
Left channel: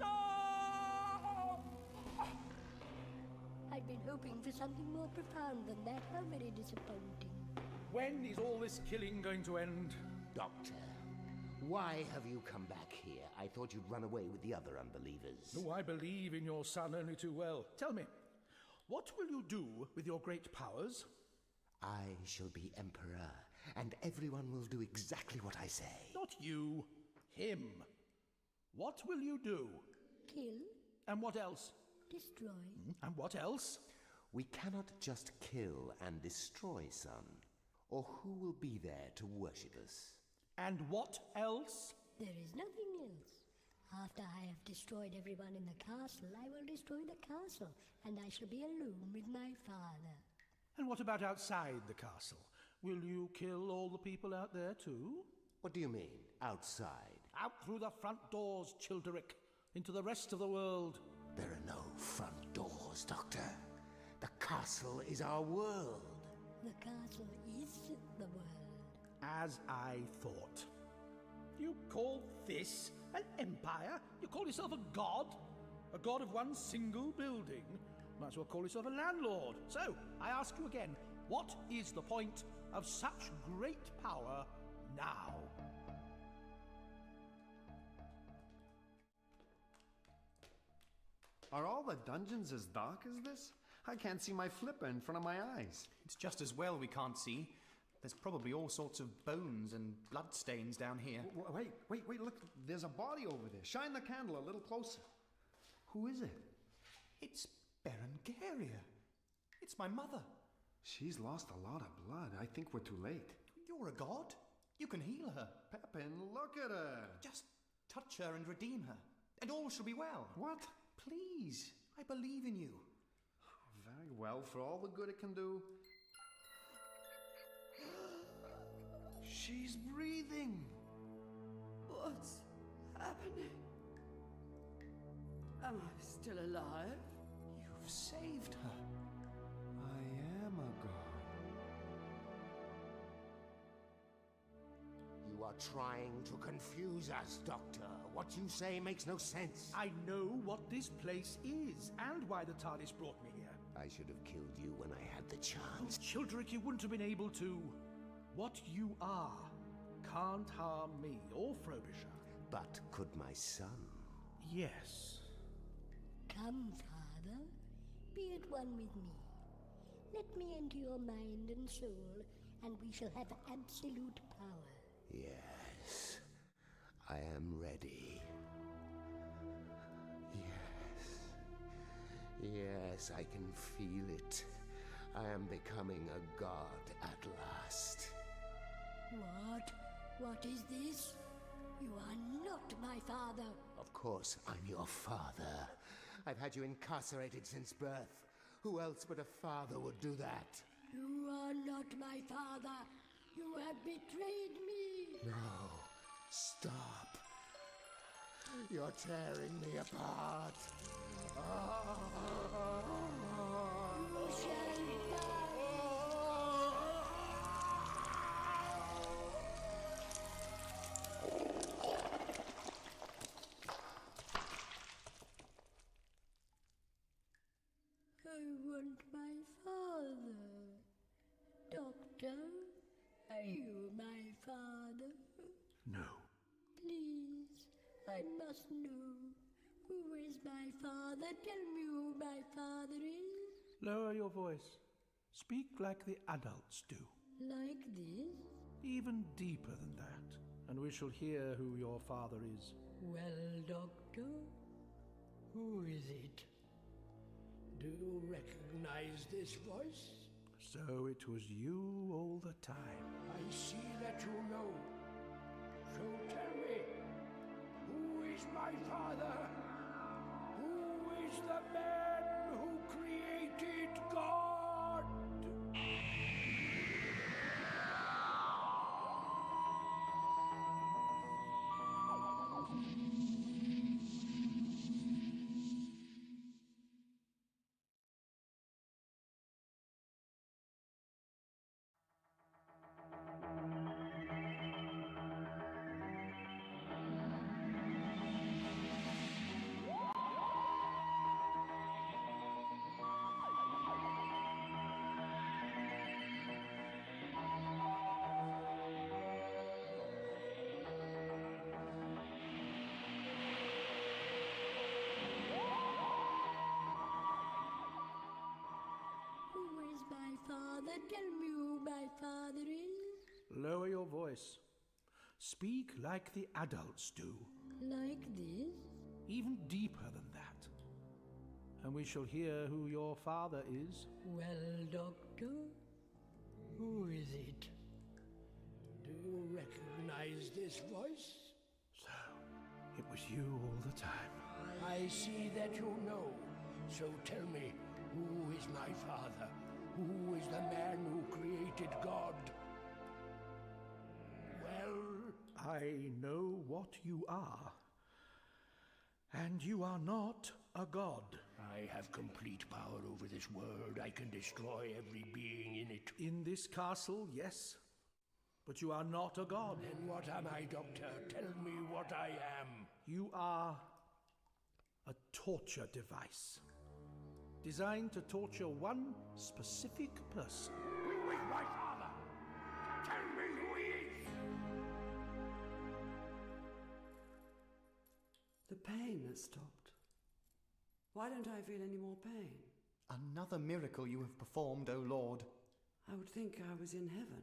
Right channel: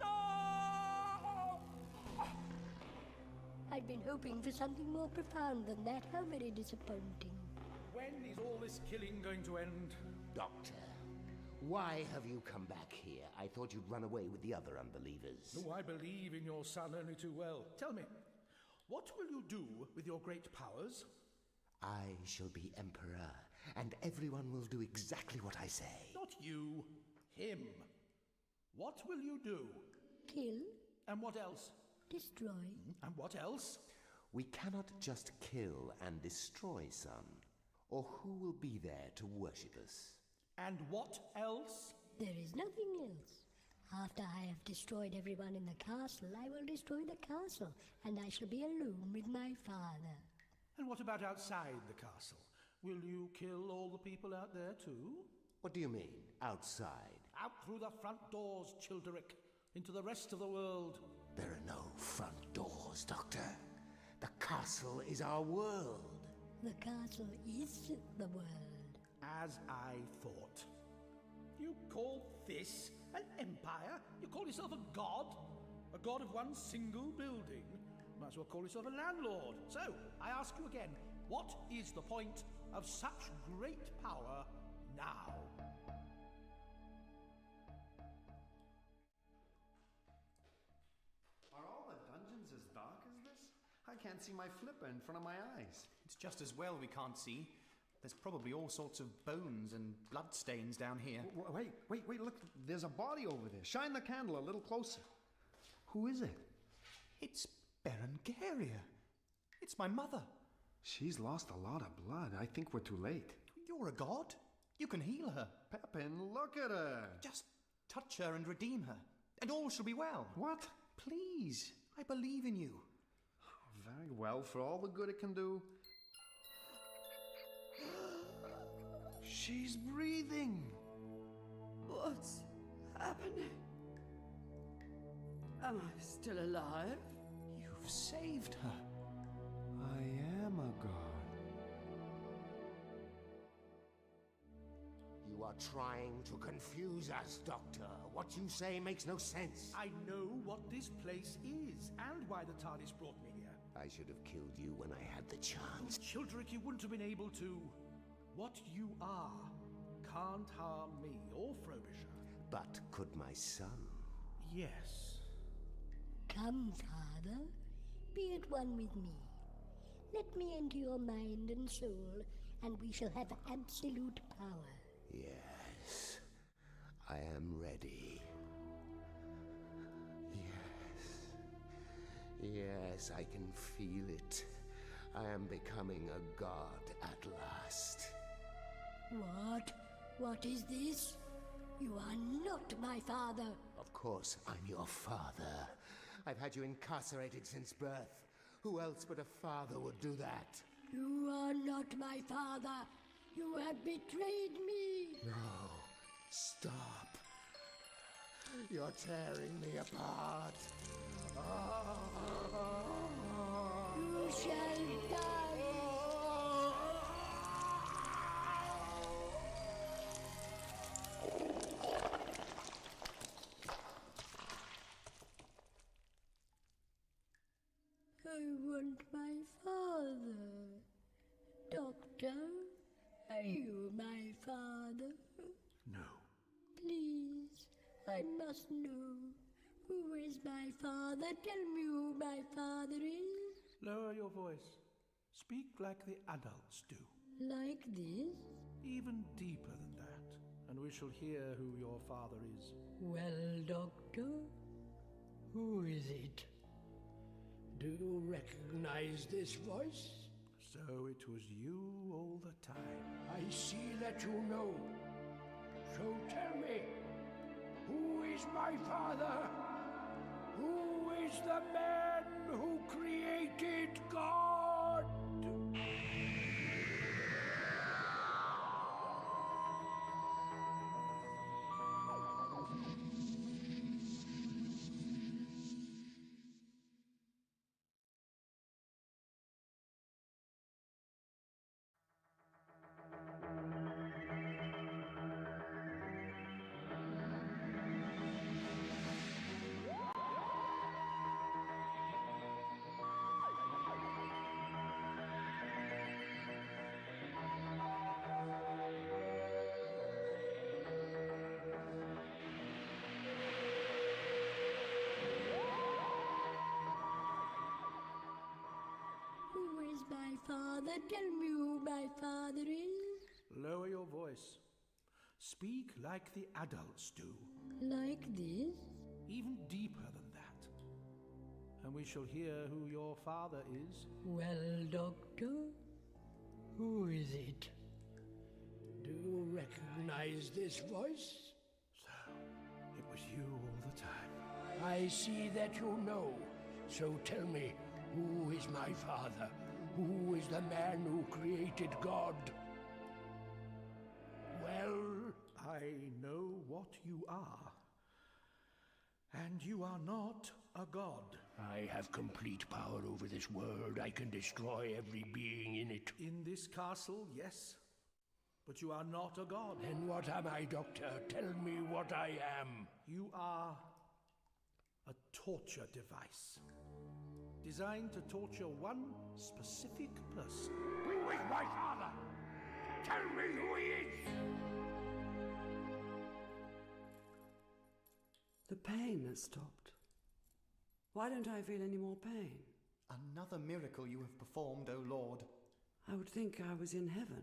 No! I'd been hoping for something more profound than that. How very disappointing. When is all this killing going to end? Doctor, Why have you come back here? I thought you'd run away with the other unbelievers. Oh, I believe in your son only too well. Tell me, what will you do with your great powers? I shall be emperor, and everyone will do exactly what I say. Not you, him. What will you do? Kill. And what else? Destroy. And what else? We cannot just kill and destroy, son. Or who will be there to worship us? And what else? There is nothing else. After I have destroyed everyone in the castle, I will destroy the castle, and I shall be alone with my father. And what about outside the castle? Will you kill all the people out there too? What do you mean, outside? Out through the front doors, Childeric, into the rest of the world. There are no front doors, Doctor. The castle is our world. The castle is the world. As I thought. You call this an empire? You call yourself a god? A god of one single building? Might as well call yourself a landlord. So, I ask you again, what is the point of such great power now? Are all the dungeons as dark as this? I can't see my flipper in front of my eyes. It's just as well we can't see. There's probably all sorts of bones and blood stains down here. Wait, look, there's a body over there. Shine the candle a little closer. Who is it? It's Berengaria. It's my mother. She's lost a lot of blood. I think we're too late. You're a god. You can heal her. Pepin, look at her. Just touch her and redeem her, and all shall be well. What? Please, I believe in you. Very well, for all the good it can do. She's breathing. What's happening? Am I still alive? You've saved her. I am a god. You are trying to confuse us, Doctor. What you say makes no sense. I know what this place is, and why the TARDIS brought me here. I should have killed you when I had the chance. Childeric, you wouldn't have been able to. What you are can't harm me or Frobisher. But could my son? Yes. Come, Father, be at one with me. Let me enter your mind and soul, and we shall have absolute power. Yes, I am ready. Yes, I can feel it. I am becoming a god at last. What? What is this? You are not my father. Of course, I'm your father. I've had you incarcerated since birth. Who else but a father would do that? You are not my father. You have betrayed me. No, stop. You're tearing me apart. You shall die. I want my father. Doctor, are you my father? No. Please, I must know. Who is my father? Tell me who my father is. Lower your voice. Speak like the adults do. Like this? Even deeper than that, and we shall hear who your father is. Well, Doctor, who is it? Do you recognize this voice? So it was you all the time. I see that you know. So tell me, who is my father? Who is the man who created God? father. Tell me who my father is. Lower your voice. Speak like the adults do. Like this? Even deeper than that. And we shall hear who your father is. Well, Doctor, who is it? Do you recognize this voice? So, it was you all the time. I see that you know. So tell me, who is my father? Who is the man who created God? Well, I know what you are. And you are not a god. I have complete power over this world. I can destroy every being in it. In this castle, yes. But you are not a god. Then what am I, Doctor? Tell me what I am. You are a torture device. Designed to torture one specific person. Who is my father? Tell me who he is! The pain has stopped. Why don't I feel any more pain? Another miracle you have performed, O Lord. I would think I was in heaven.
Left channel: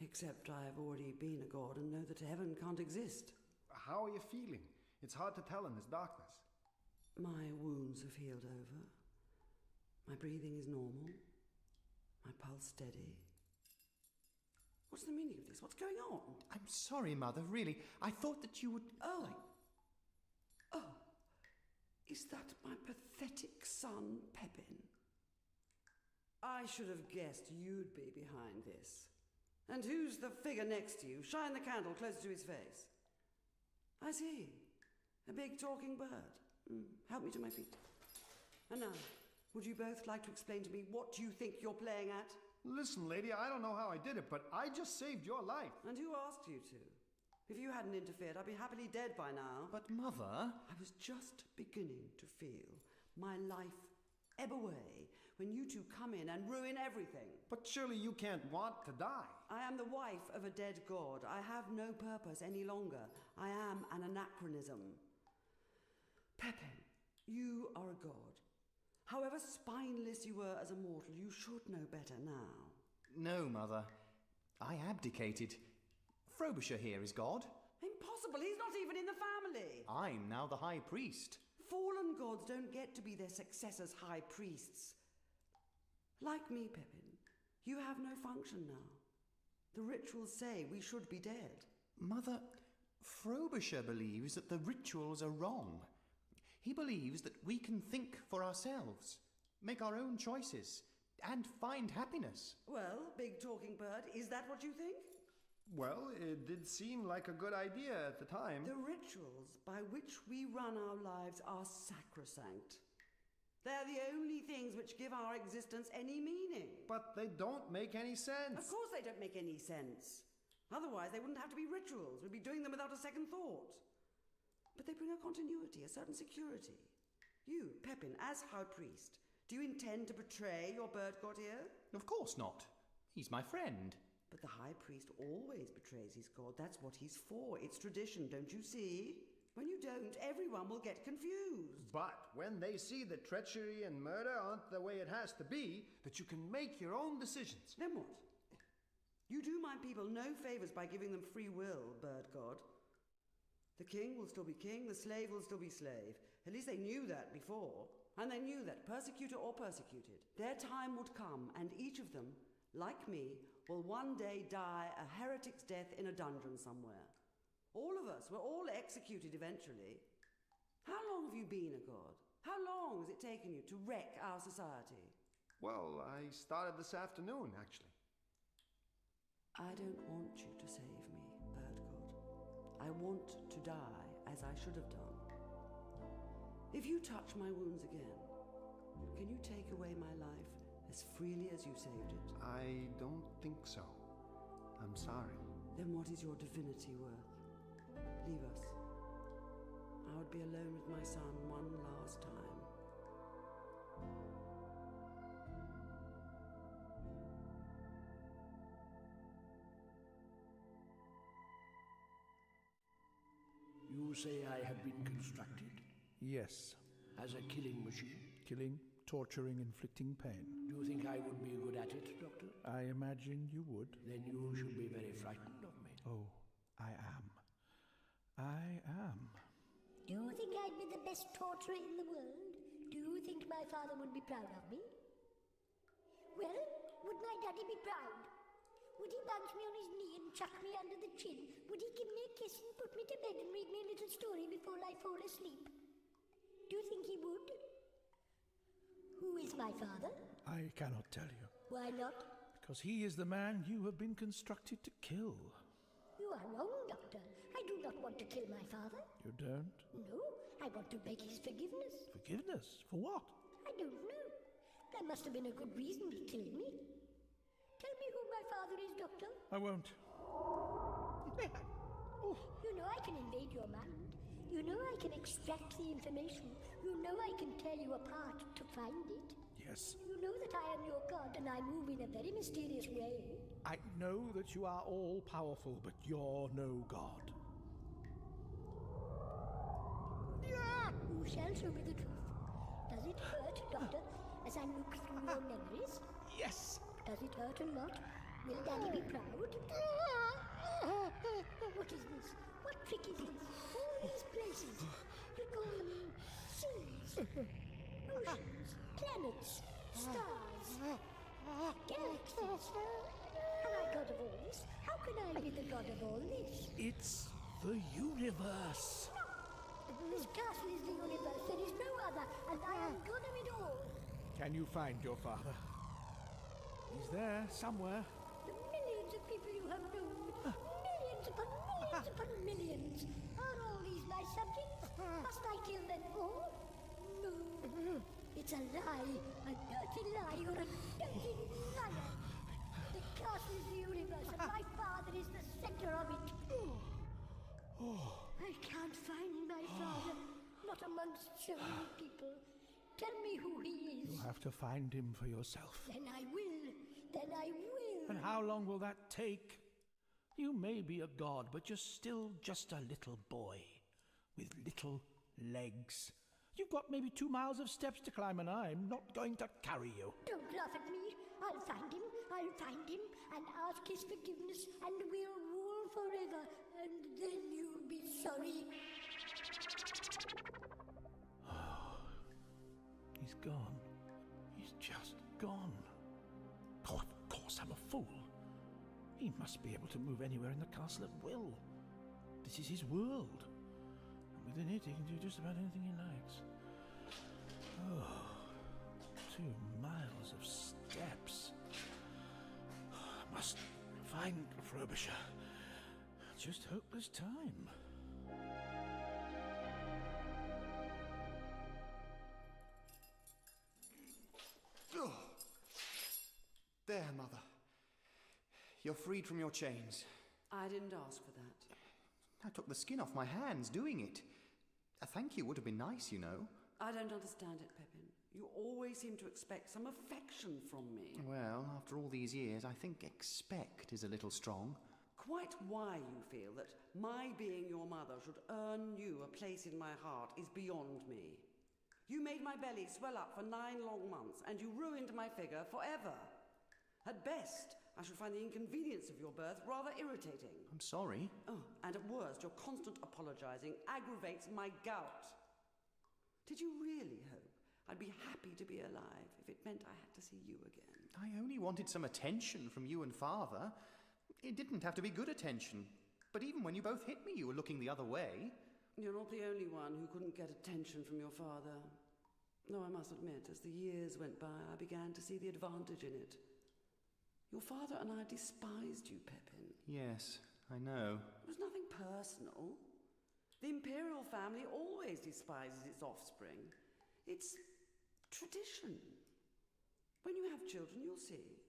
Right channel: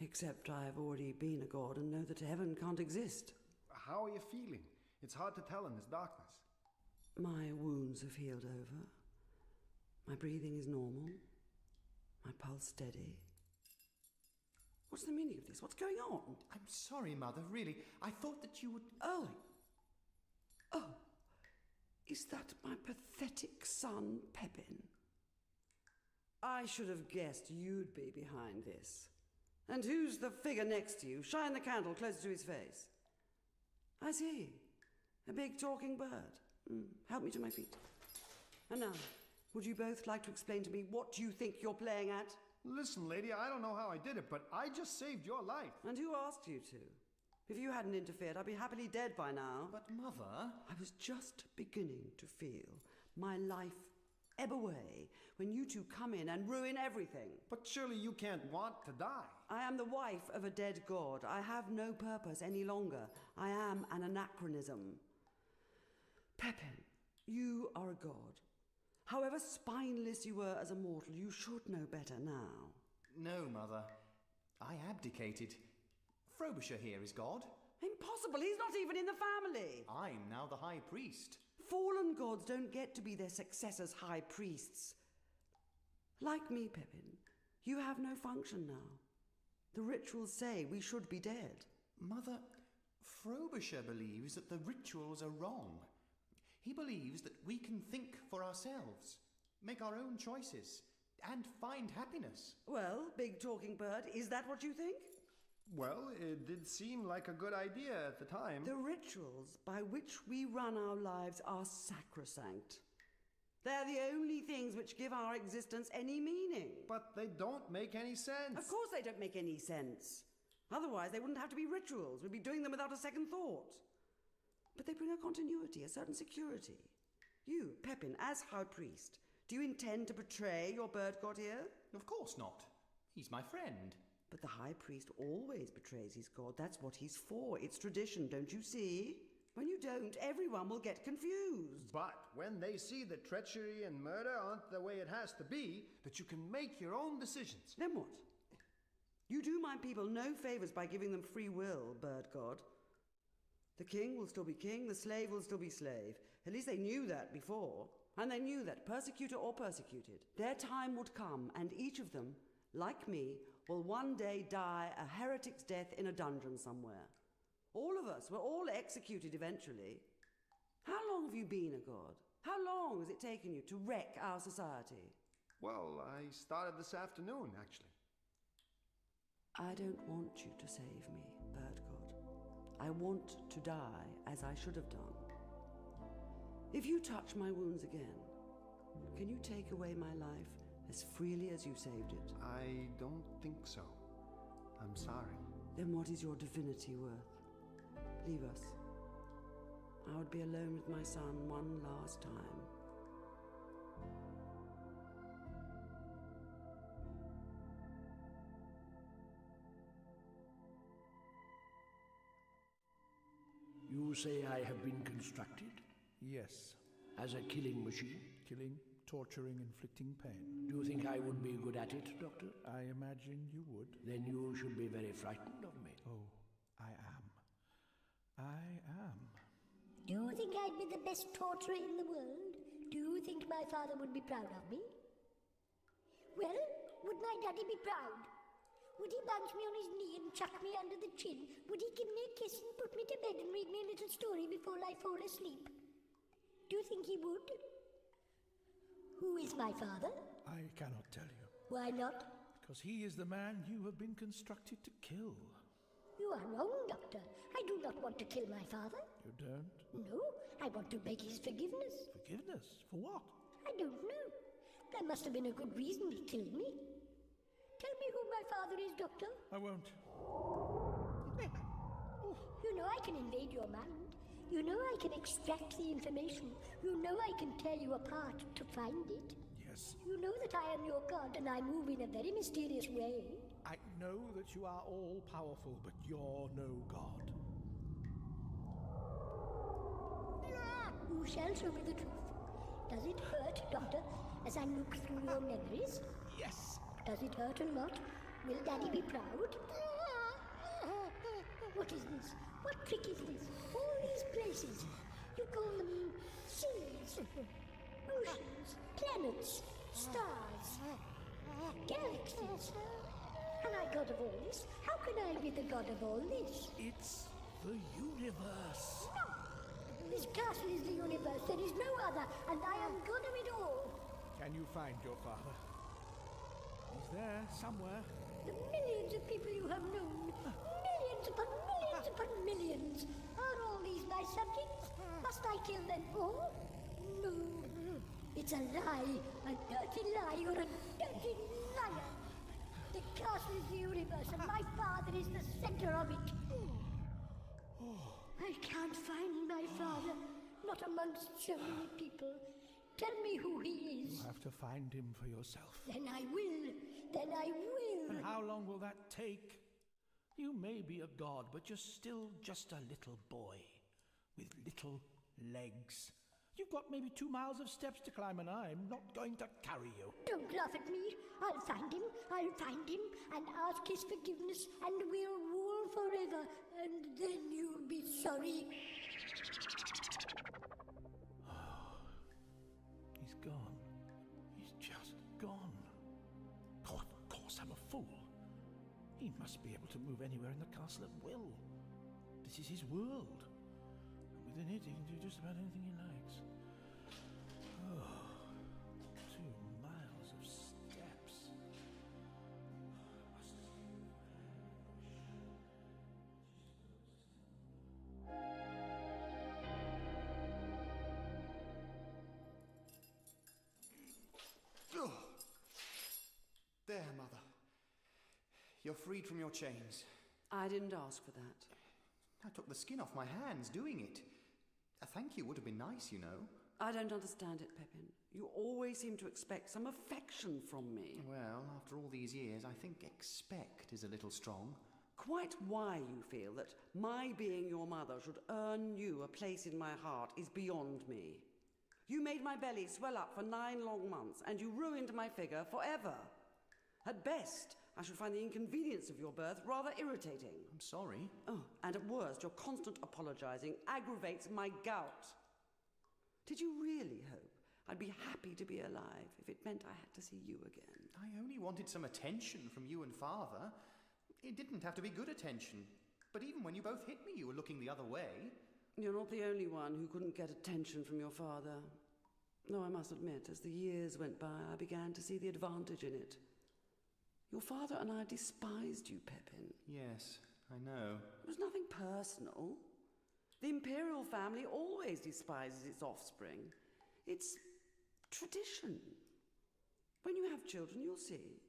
Except I have already been a god and know that heaven can't exist. How are you feeling? It's hard to tell in this darkness. My wounds have healed over. My breathing is normal. My pulse steady. What's the meaning of this? What's going on? I'm sorry, Mother, really. I thought that you would... Oh! Is that my pathetic son, Pepin? I should have guessed you'd be behind this. And who's the figure next to you? Shine the candle closer to his face. I see. A big talking bird. Help me to my feet. And now, would you both like to explain to me what you think you're playing at? Listen, lady, I don't know how I did it, but I just saved your life. And who asked you to? If you hadn't interfered, I'd be happily dead by now. But, Mother... I was just beginning to feel my life ebb away when you two come in and ruin everything. But surely you can't want to die. I am the wife of a dead god. I have no purpose any longer. I am an anachronism. Pepin, you are a god. However spineless you were as a mortal, you should know better now. No, Mother. I abdicated. Frobisher here is God. Impossible, he's not even in the family. I'm now the High Priest. Fallen gods don't get to be their successors' high priests. Like me, Pepin, you have no function now. The rituals say we should be dead. Mother, Frobisher believes that the rituals are wrong. He believes that we can think for ourselves, make our own choices, and find happiness. Well, big talking bird, is that what you think? Well, it did seem like a good idea at the time. The rituals by which we run our lives are sacrosanct. They're the only things which give our existence any meaning. But they don't make any sense. Of course they don't make any sense. Otherwise, they wouldn't have to be rituals. We'd be doing them without a second thought. But they bring a continuity, a certain security. You, Pepin, as High Priest, do you intend to betray your bird god here? Of course not. He's my friend. But the High Priest always betrays his god. That's what he's for. It's tradition, don't you see? When you don't, everyone will get confused. But when they see that treachery and murder aren't the way it has to be, that you can make your own decisions. Then what? You do my people no favours by giving them free will, bird god. The king will still be king, the slave will still be slave. At least they knew that before. And they knew that, persecutor or persecuted, their time would come, and each of them, like me, will one day die a heretic's death in a dungeon somewhere. All of us, we're all executed eventually. How long have you been a god? How long has it taken you to wreck our society? Well, I started this afternoon, actually. I don't want you to save me, bird god. I want to die as I should have done. If you touch my wounds again, can you take away my life as freely as you saved it? I don't think so. I'm sorry. Then what is your divinity worth? Leave us. I would be alone with my son one last time. You say I have been constructed? Yes. As a killing machine? Killing, torturing, inflicting pain. Do you think I would be good at it, Doctor? I imagine you would. Then you should be very frightened of me. Oh, I am. I am. Do you think I'd be the best torturer in the world? Do you think my father would be proud of me? Well, would my daddy be proud? Would he bounce me on his knee and chuck me under the chin? Would he give me a kiss and put me to bed and read me a little story before I fall asleep? Do you think he would? Who is my father? I cannot tell you. Why not? Because he is the man you have been constructed to kill. You are wrong, Doctor. I do not want to kill my father. You don't? No, I want to beg his forgiveness. Forgiveness? For what? I don't know. There must have been a good reason he killed me. Tell me who my father is, Doctor. I won't. You know I can invade your mind. You know I can extract the information. You know I can tear you apart to find it. Yes. You know that I am your god and I move in a very mysterious way. I know that you are all-powerful, but you're no god. You shall show me the truth. Does it hurt, Doctor, as I look through your memories? Yes. Does it hurt a lot? Will Daddy be proud? What is this? What trick is this? All these places. You call them seas, oceans, planets, stars, galaxies. Am I god of all this? How can I be the god of all this? It's the universe. No! This castle is the universe. There is no other, and I am god of it all. Can you find your father? He's there, somewhere. The millions of people you have known, millions upon millions upon millions, are all these my subjects? Must I kill them all? No. It's a lie, a dirty lie. You're a dirty liar. The castle is the universe, and my father is the center of it. I can't find my father, not amongst so many people. Tell me who he is. You'll have to find him for yourself. Then I will. Then I will. And how long will that take? You may be a god, but you're still just a little boy with little legs. You've got maybe 2 miles of steps to climb, and I'm not going to carry you. Don't laugh at me. I'll find him and ask his forgiveness, and we'll rule forever, and then you'll be sorry. He's gone. He's just gone. Oh, of course, I'm a fool. He must be able to move anywhere in the castle at will. This is his world. And within it, he can do just about anything he likes. Oh, 2 miles of steps. I must find Frobisher. Just hopeless time. Oh. There, Mother. You're freed from your chains. I didn't ask for that. I took the skin off my hands doing it. A thank you would have been nice, you know. I don't understand it, Pepin. You always seem to expect some affection from me. Well, after all these years, I think expect is a little strong. Quite why you feel that my being your mother should earn you a place in my heart is beyond me. You made my belly swell up for 9 long months, and you ruined my figure forever. At best, I should find the inconvenience of your birth rather irritating. I'm sorry. Oh, and at worst, your constant apologizing aggravates my gout. Did you really hope I'd be happy to be alive if it meant I had to see you again? I only wanted some attention from you and Father. It didn't have to be good attention. But even when you both hit me, you were looking the other way. You're not the only one who couldn't get attention from your father. Though I must admit, as the years went by, I began to see the advantage in it. Your father and I despised you, Pepin. Yes, I know. It was nothing personal. The imperial family always despises its offspring. It's tradition. When you have children, you'll see.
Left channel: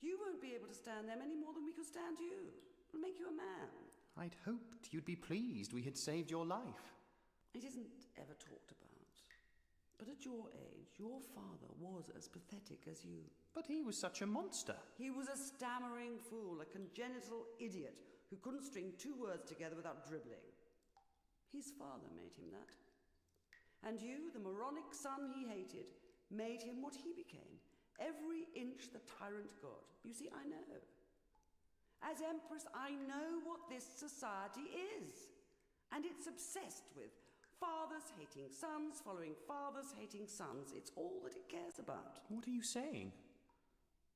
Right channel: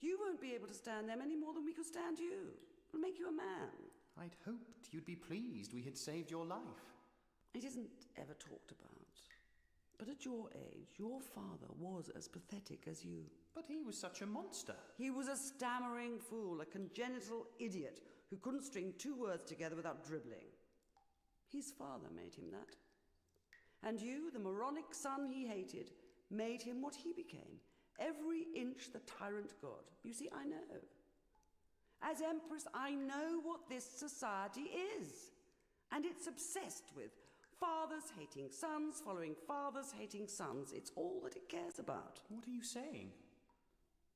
You won't be able to stand them any more than we could stand you. It'll make you a man. I'd hoped you'd be pleased we had saved your life. It isn't ever talked about. But at your age, your father was as pathetic as you. But he was such a monster. He was a stammering fool, a congenital idiot who couldn't string 2 words together without dribbling. His father made him that. And you, the moronic son he hated, made him what he became. Every inch the tyrant god. You see, I know. As Empress, I know what this society is. And it's obsessed with fathers hating sons, following fathers hating sons. It's all that it cares about. What are you saying?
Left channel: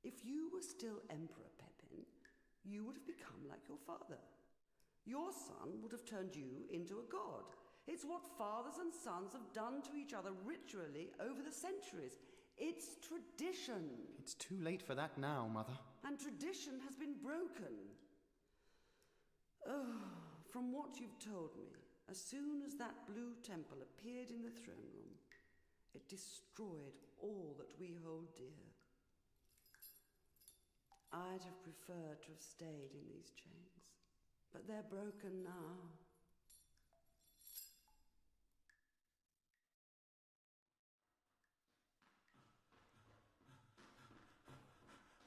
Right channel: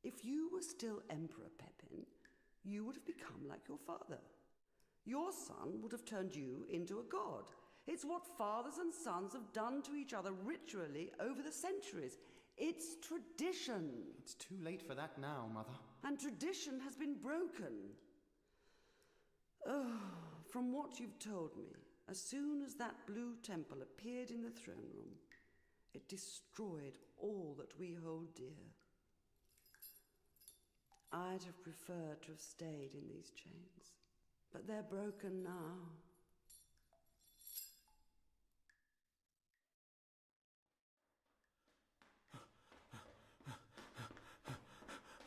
If you were still Emperor Pepin, you would have become like your father. Your son would have turned you into a god. It's what fathers and sons have done to each other ritually over the centuries. It's tradition. It's too late for that now, Mother. And tradition has been broken. Oh, from what you've told me, as soon as that blue temple appeared in the throne room, it destroyed all that we hold dear. I'd have preferred to have stayed in these chains, but they're broken now.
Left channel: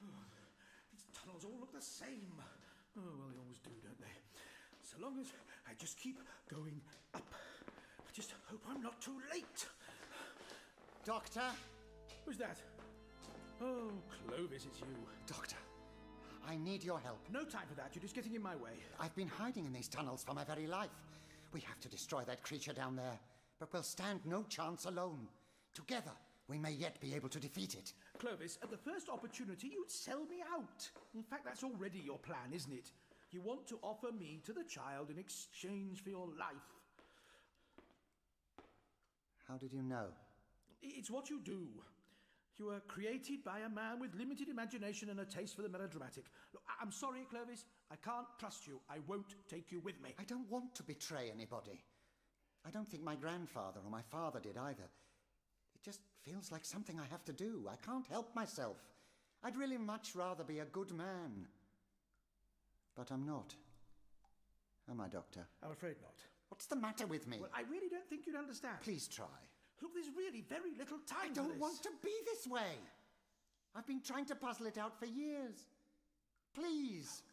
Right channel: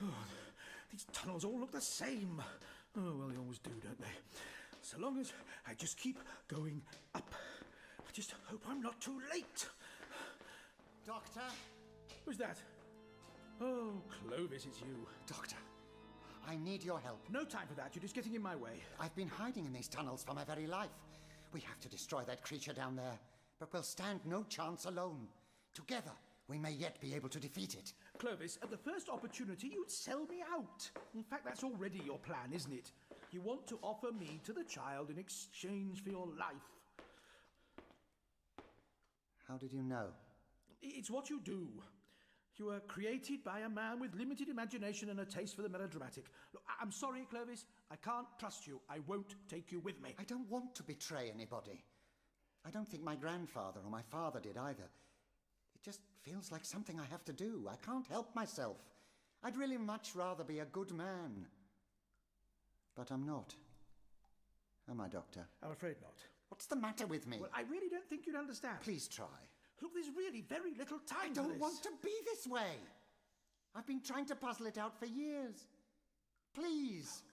Oh, these tunnels all look the same. Oh, well, they always do, don't they? So long as I just keep going up. I just hope I'm not too late. Doctor? Who's that? Oh, Clovis, it's you. Doctor, I need your help. No time for that. You're just getting in my way. I've been hiding in these tunnels for my very life. We have to destroy that creature down there, but we'll stand no chance alone. Together, we may yet be able to defeat it. Clovis, at the first opportunity, you'd sell me out. In fact, that's already your plan, isn't it? You want to offer me to the child in exchange for your life. How did you know? It's what you do. You were created by a man with limited imagination and a taste for the melodramatic. Look, I'm sorry, Clovis. I can't trust you. I won't take you with me. I don't want to betray anybody. I don't think my grandfather or my father did either. It just feels like something I have to do. I can't help myself. I'd really much rather be a good man. But I'm not. Am I, Doctor? I'm afraid not. What's the matter with me? Well, I really don't think you'd understand. Please try. Look, there's really very little time I don't want to be this way. I've been trying to puzzle it out for years. Please.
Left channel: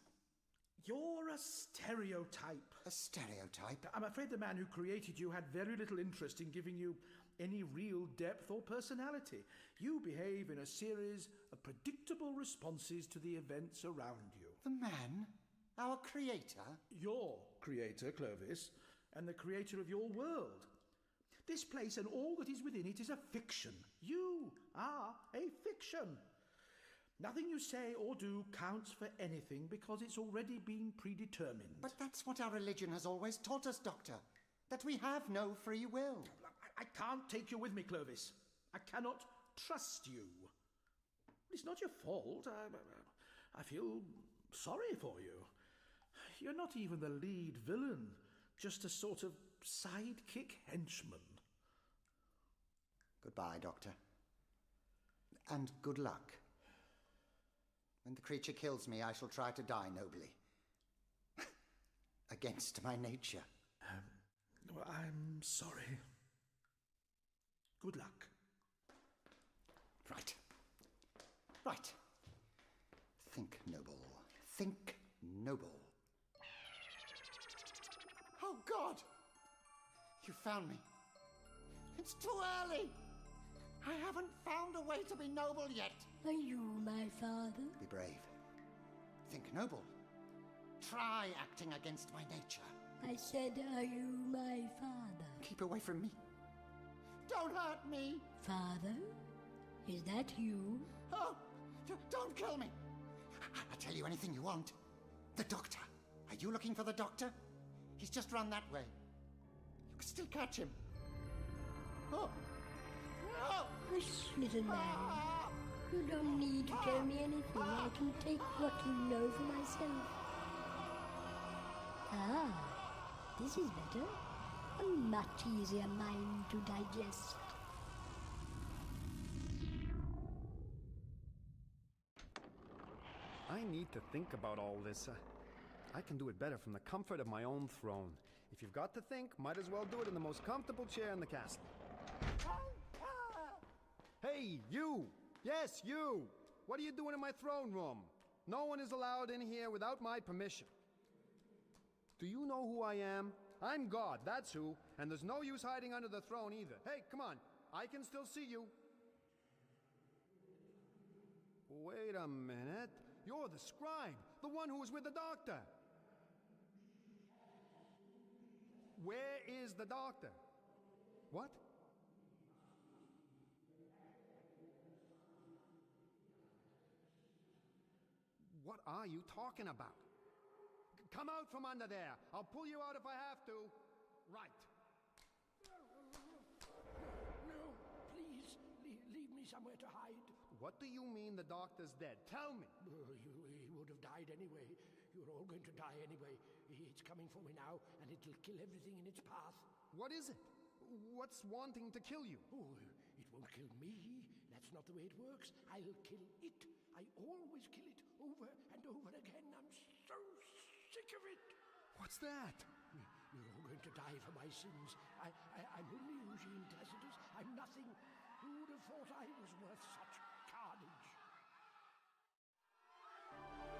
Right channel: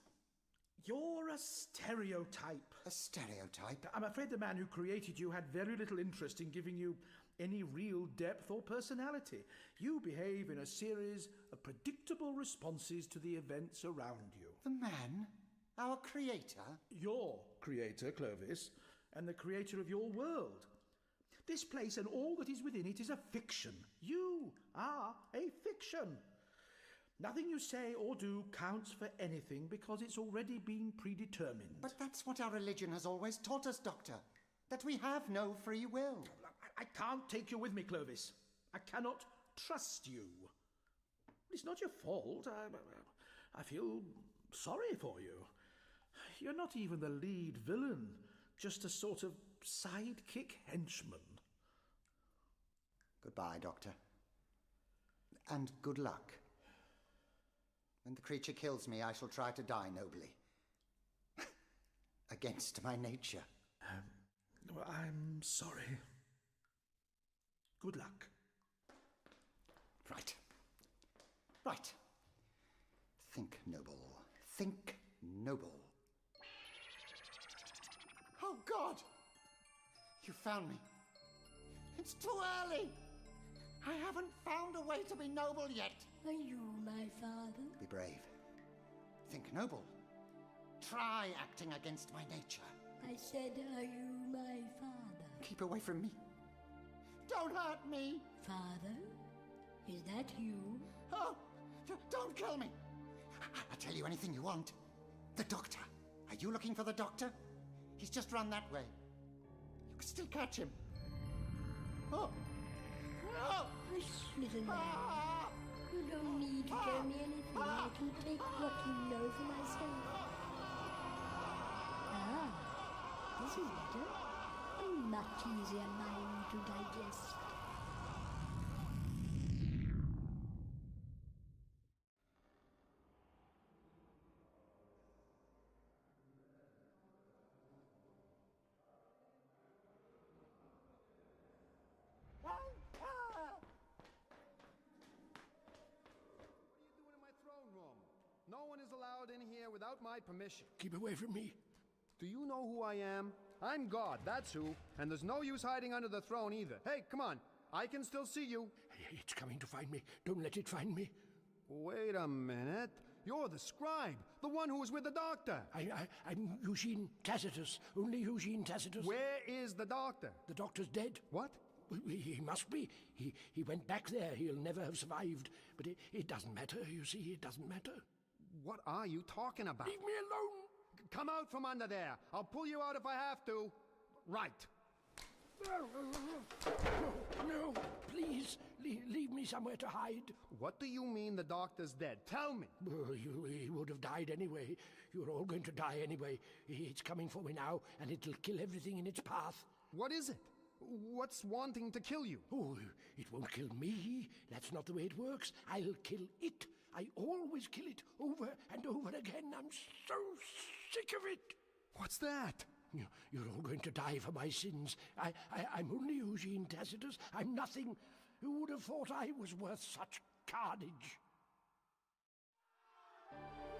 You're a stereotype. A stereotype? I'm afraid the man who created you had very little interest in giving you any real depth or personality. You behave in a series of predictable responses to the events around you. The man? Our creator? Your creator, Clovis, and the creator of your world. This place and all that is within it is a fiction. You are a fiction. Nothing you say or do counts for anything because it's already been predetermined. But that's what our religion has always taught us, Doctor. That we have no free will. I can't take you with me, Clovis. I cannot trust you. It's not your fault. I feel sorry for you. You're not even the lead villain, just a sort of sidekick henchman. Goodbye, Doctor. And good luck. When the creature kills me, I shall try to die nobly. Against my nature. Well, I'm sorry. Good luck. Right. Right. Think noble. Think noble. Oh, God! You found me. It's too early. I haven't found a way to be noble yet. Are you my father? Be brave. Think noble. Try acting against my nature. I said, are you my father? Keep away from me. Don't hurt me. Father? Is that you? Oh, don't kill me. I'll tell you anything you want. The doctor. Are you looking for the doctor? He's just run that way. You can still catch him. Oh. Oh. Hush, little man. You don't need to tell me anything. I can take what you know for myself. Ah, this is better. A much easier mind to digest. I need to think about all this. I can do it better from the comfort of my own throne. If you've got to think, might as well do it in the most comfortable chair in the castle. Hey, you! Yes, you! What are you doing in my throne room? No one is allowed in here without my permission. Keep away from me. Do you know who I am? I'm God, that's who. And there's no use hiding under the throne either. Hey, come on. I can still see you. It's coming to find me. Don't let it find me. Wait a minute. You're the scribe, the one who was with the doctor. I'm Eugene Tacitus, only Eugene Tacitus. Where is the doctor? The doctor's dead. What? He must be. He went back there. He'll never have survived. But it doesn't matter, you see, it doesn't matter. What are you talking about? Leave me alone! Come out from under there. I'll pull you out if I have to. Right. No, please, leave me somewhere to hide. What do you mean the doctor's dead? Tell me. He would have died anyway. You're all going to die anyway. It's coming for me now, and it'll kill everything in its path. What is it? What's wanting to kill you? Oh, it won't kill me. That's not the way it works. I'll kill it. I always kill it over and over again. I'm so sick of it. What's that? You're all going to die for my sins. I'm only Eugene Tacitus. I'm nothing. Who would have thought I was worth such carnage?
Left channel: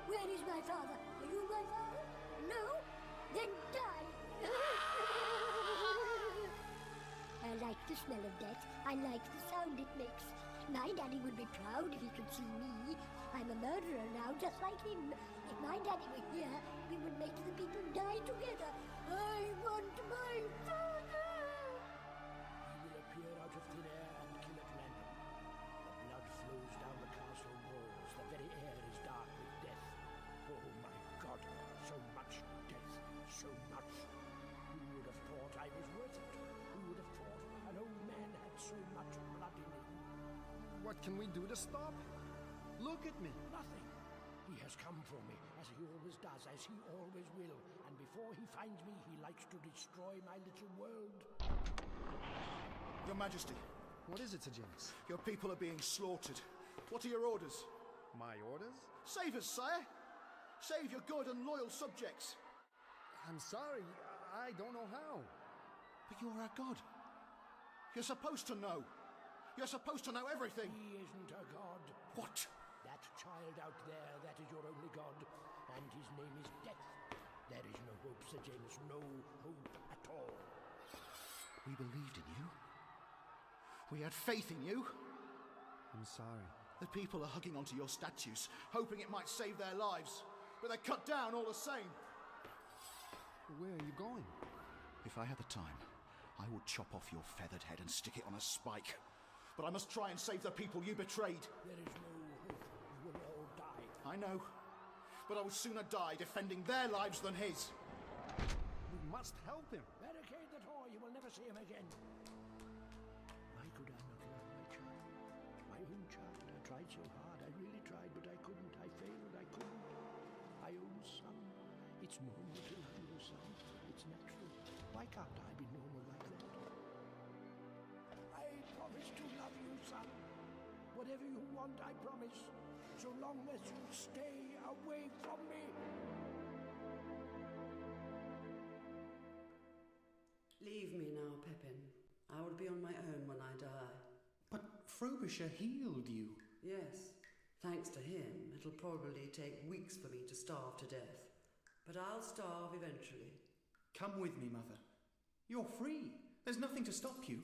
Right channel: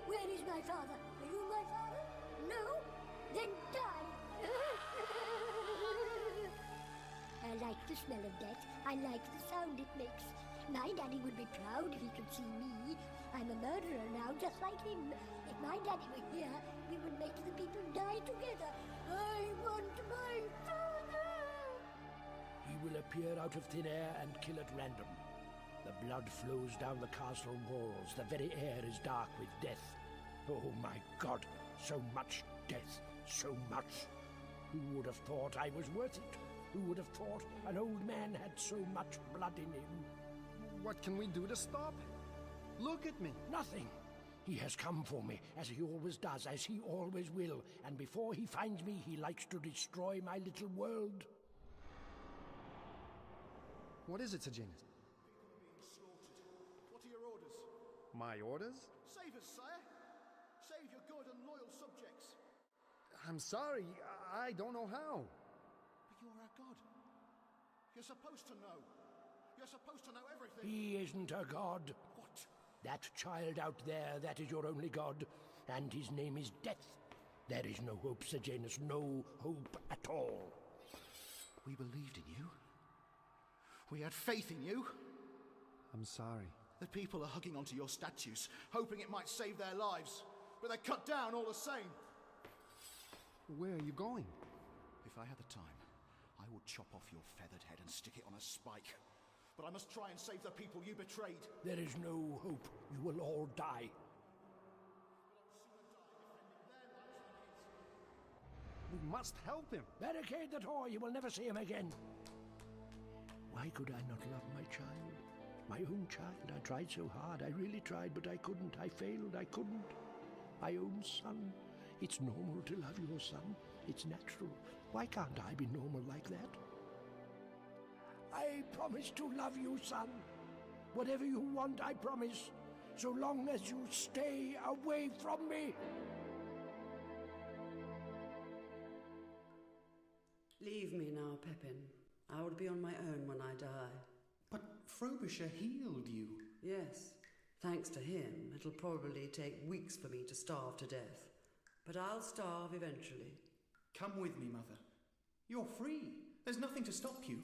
Where is my father? Are you my father? No? Then die! I like the smell of death. I like the sound it makes. My daddy would be proud if he could see me. I'm a murderer now, just like him. If my daddy were here, we would make the people die together. I want my father! He will appear out of thin air and kill at random. The blood flows down the castle walls. The very air is dark with death. Oh my God, so much death, so much. Who would have thought I was worth it? Who would have thought an old man had so much blood in him? What can we do to stop him? Look at me. Nothing. He has come for me, as he always does, as he always will. And before he finds me, he likes to destroy my little world. Your Majesty. What is it, Sejanus? Your people are being slaughtered. What are your orders? My orders? Save us, sire! Save your good and loyal subjects! I'm sorry, I don't know how. But you're our god. You're supposed to know. You're supposed to know everything. He isn't a god. What? That child out there, that is your only god. And his name is Death. There is no hope, Sejanus, no hope at all. We believed in you. We had faith in you. I'm sorry. The people are hugging onto your statues, hoping it might save their lives. But they're cut down all the same. Where are you going? If I had the time, I would chop off your feathered head and stick it on a spike. But I must try and save the people you betrayed. There is no hope. You will all die. I know. But I would sooner die defending their lives than his. We must help him. Barricade the door. You will never see him again. Why could I not love my child? My own child. I tried so hard. I really tried, but I couldn't. I failed. I couldn't. My own son. It's normal to love your son. It's natural. Why can't I be normal like that? I promise to love you, son. Whatever you want, I promise. So long as you stay away from me. Leave me now, Pepin. I will be on my own when I die. But Frobisher healed you. Yes. Thanks to him, it'll probably take weeks for me to starve to death. But I'll starve eventually. Come with me, Mother. You're free. There's nothing to stop you.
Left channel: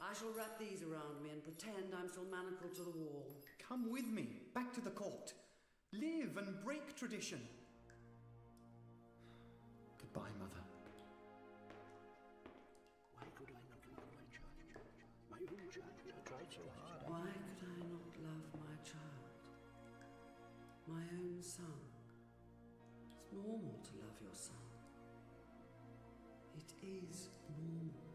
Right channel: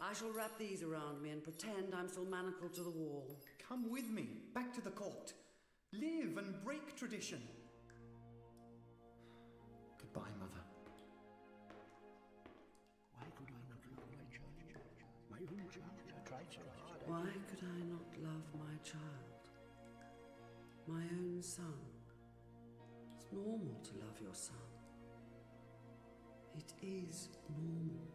I shall wrap these around me and pretend I'm still manacled to the wall. Come with me, back to the court. Live and break tradition. Goodbye, Mother. Why could I not love my child? My own child. I tried so hard. Why could I not love my child? My own son. It's normal to love your son. It is normal.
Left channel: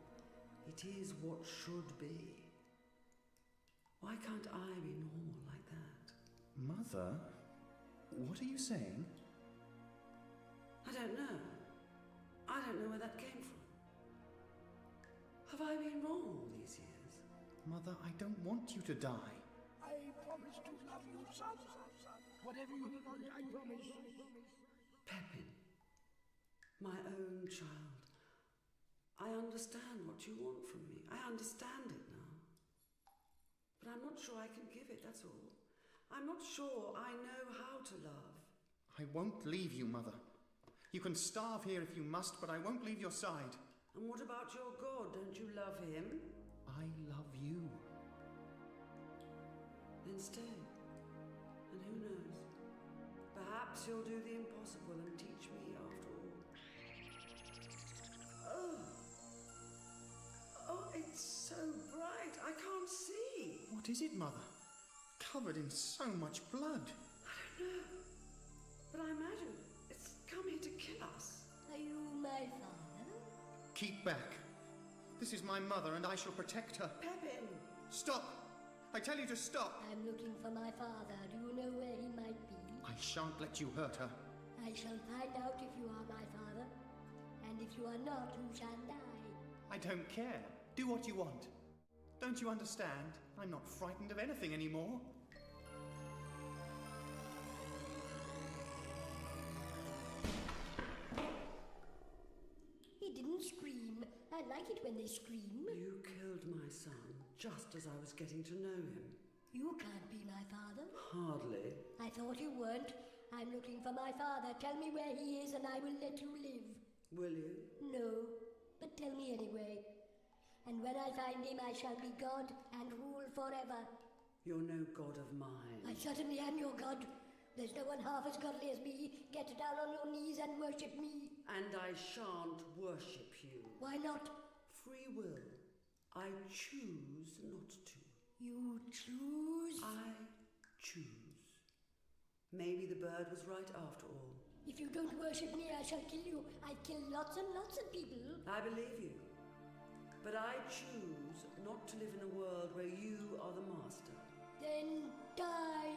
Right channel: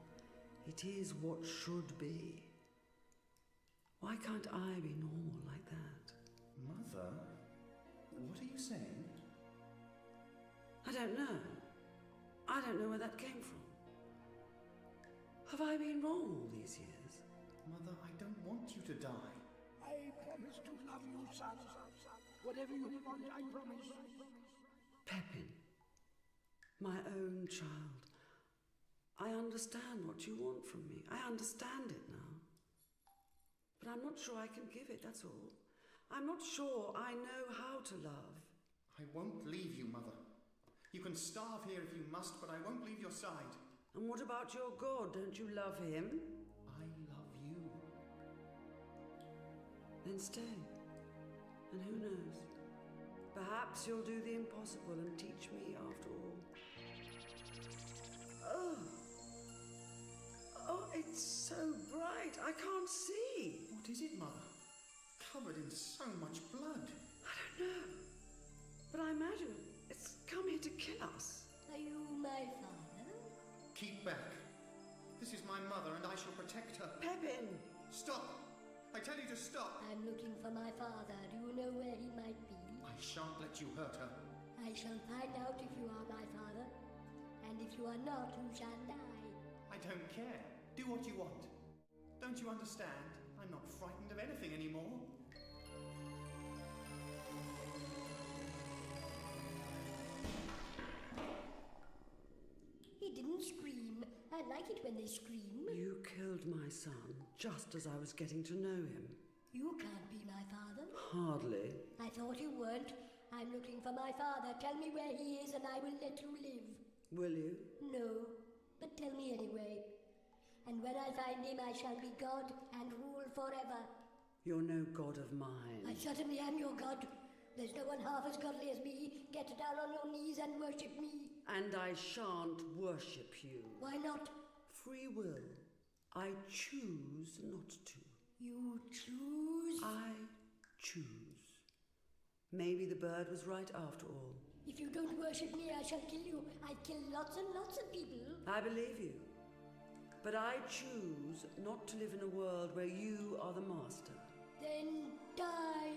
It is what should be. Why can't I be normal like that? Mother, what are you saying? I don't know. I don't know where that came from. Have I been wrong all these years? Mother, I don't want you to die. I promise to love you, son. Whatever you want, I promise. Pepin, my own child. I understand what you want from me. I understand it now. But I'm not sure I can give it, that's all. I'm not sure I know how to love. I won't leave you, Mother. You can starve here if you must, but I won't leave your side. And what about your God? Don't you love him? I love you. Then stay. And who knows? Perhaps you'll do the impossible and teach me after all. Oh, it's so bright. I can't see. What is it, Mother? Covered in so much blood. I don't know. But I imagine it's come here to kill us. Are you my father? Keep back. This is my mother, and I shall protect her. Pepin! Stop! I tell you to stop! I'm looking for my father. Do you know where he might be? I shan't let you hurt her. I shall find out if you are my father. And if you are not, you shall die. I don't care. Do what you want. Don't you understand? I'm not frightened of anything anymore. He didn't scream. I like it when they scream. You killed my son just as I was getting to know him. You can't be my father. Hardly. I thought you weren't. I'm looking for my father. Tell me where he is and I will let you live. Will you? No, but tell me anyway. And when I find him, I shall be God and rule forever. You're no god of mine. I certainly am your God. There's no one half as godly as me. Get down on your knees and worship me. And I shan't worship you. Why not? Free will. I choose not to. You choose? I choose. Maybe the bird was right after all. If you don't worship me, I shall kill you. I kill lots and lots of people. I believe you. But I choose not to live in a world where you are the master. Then die.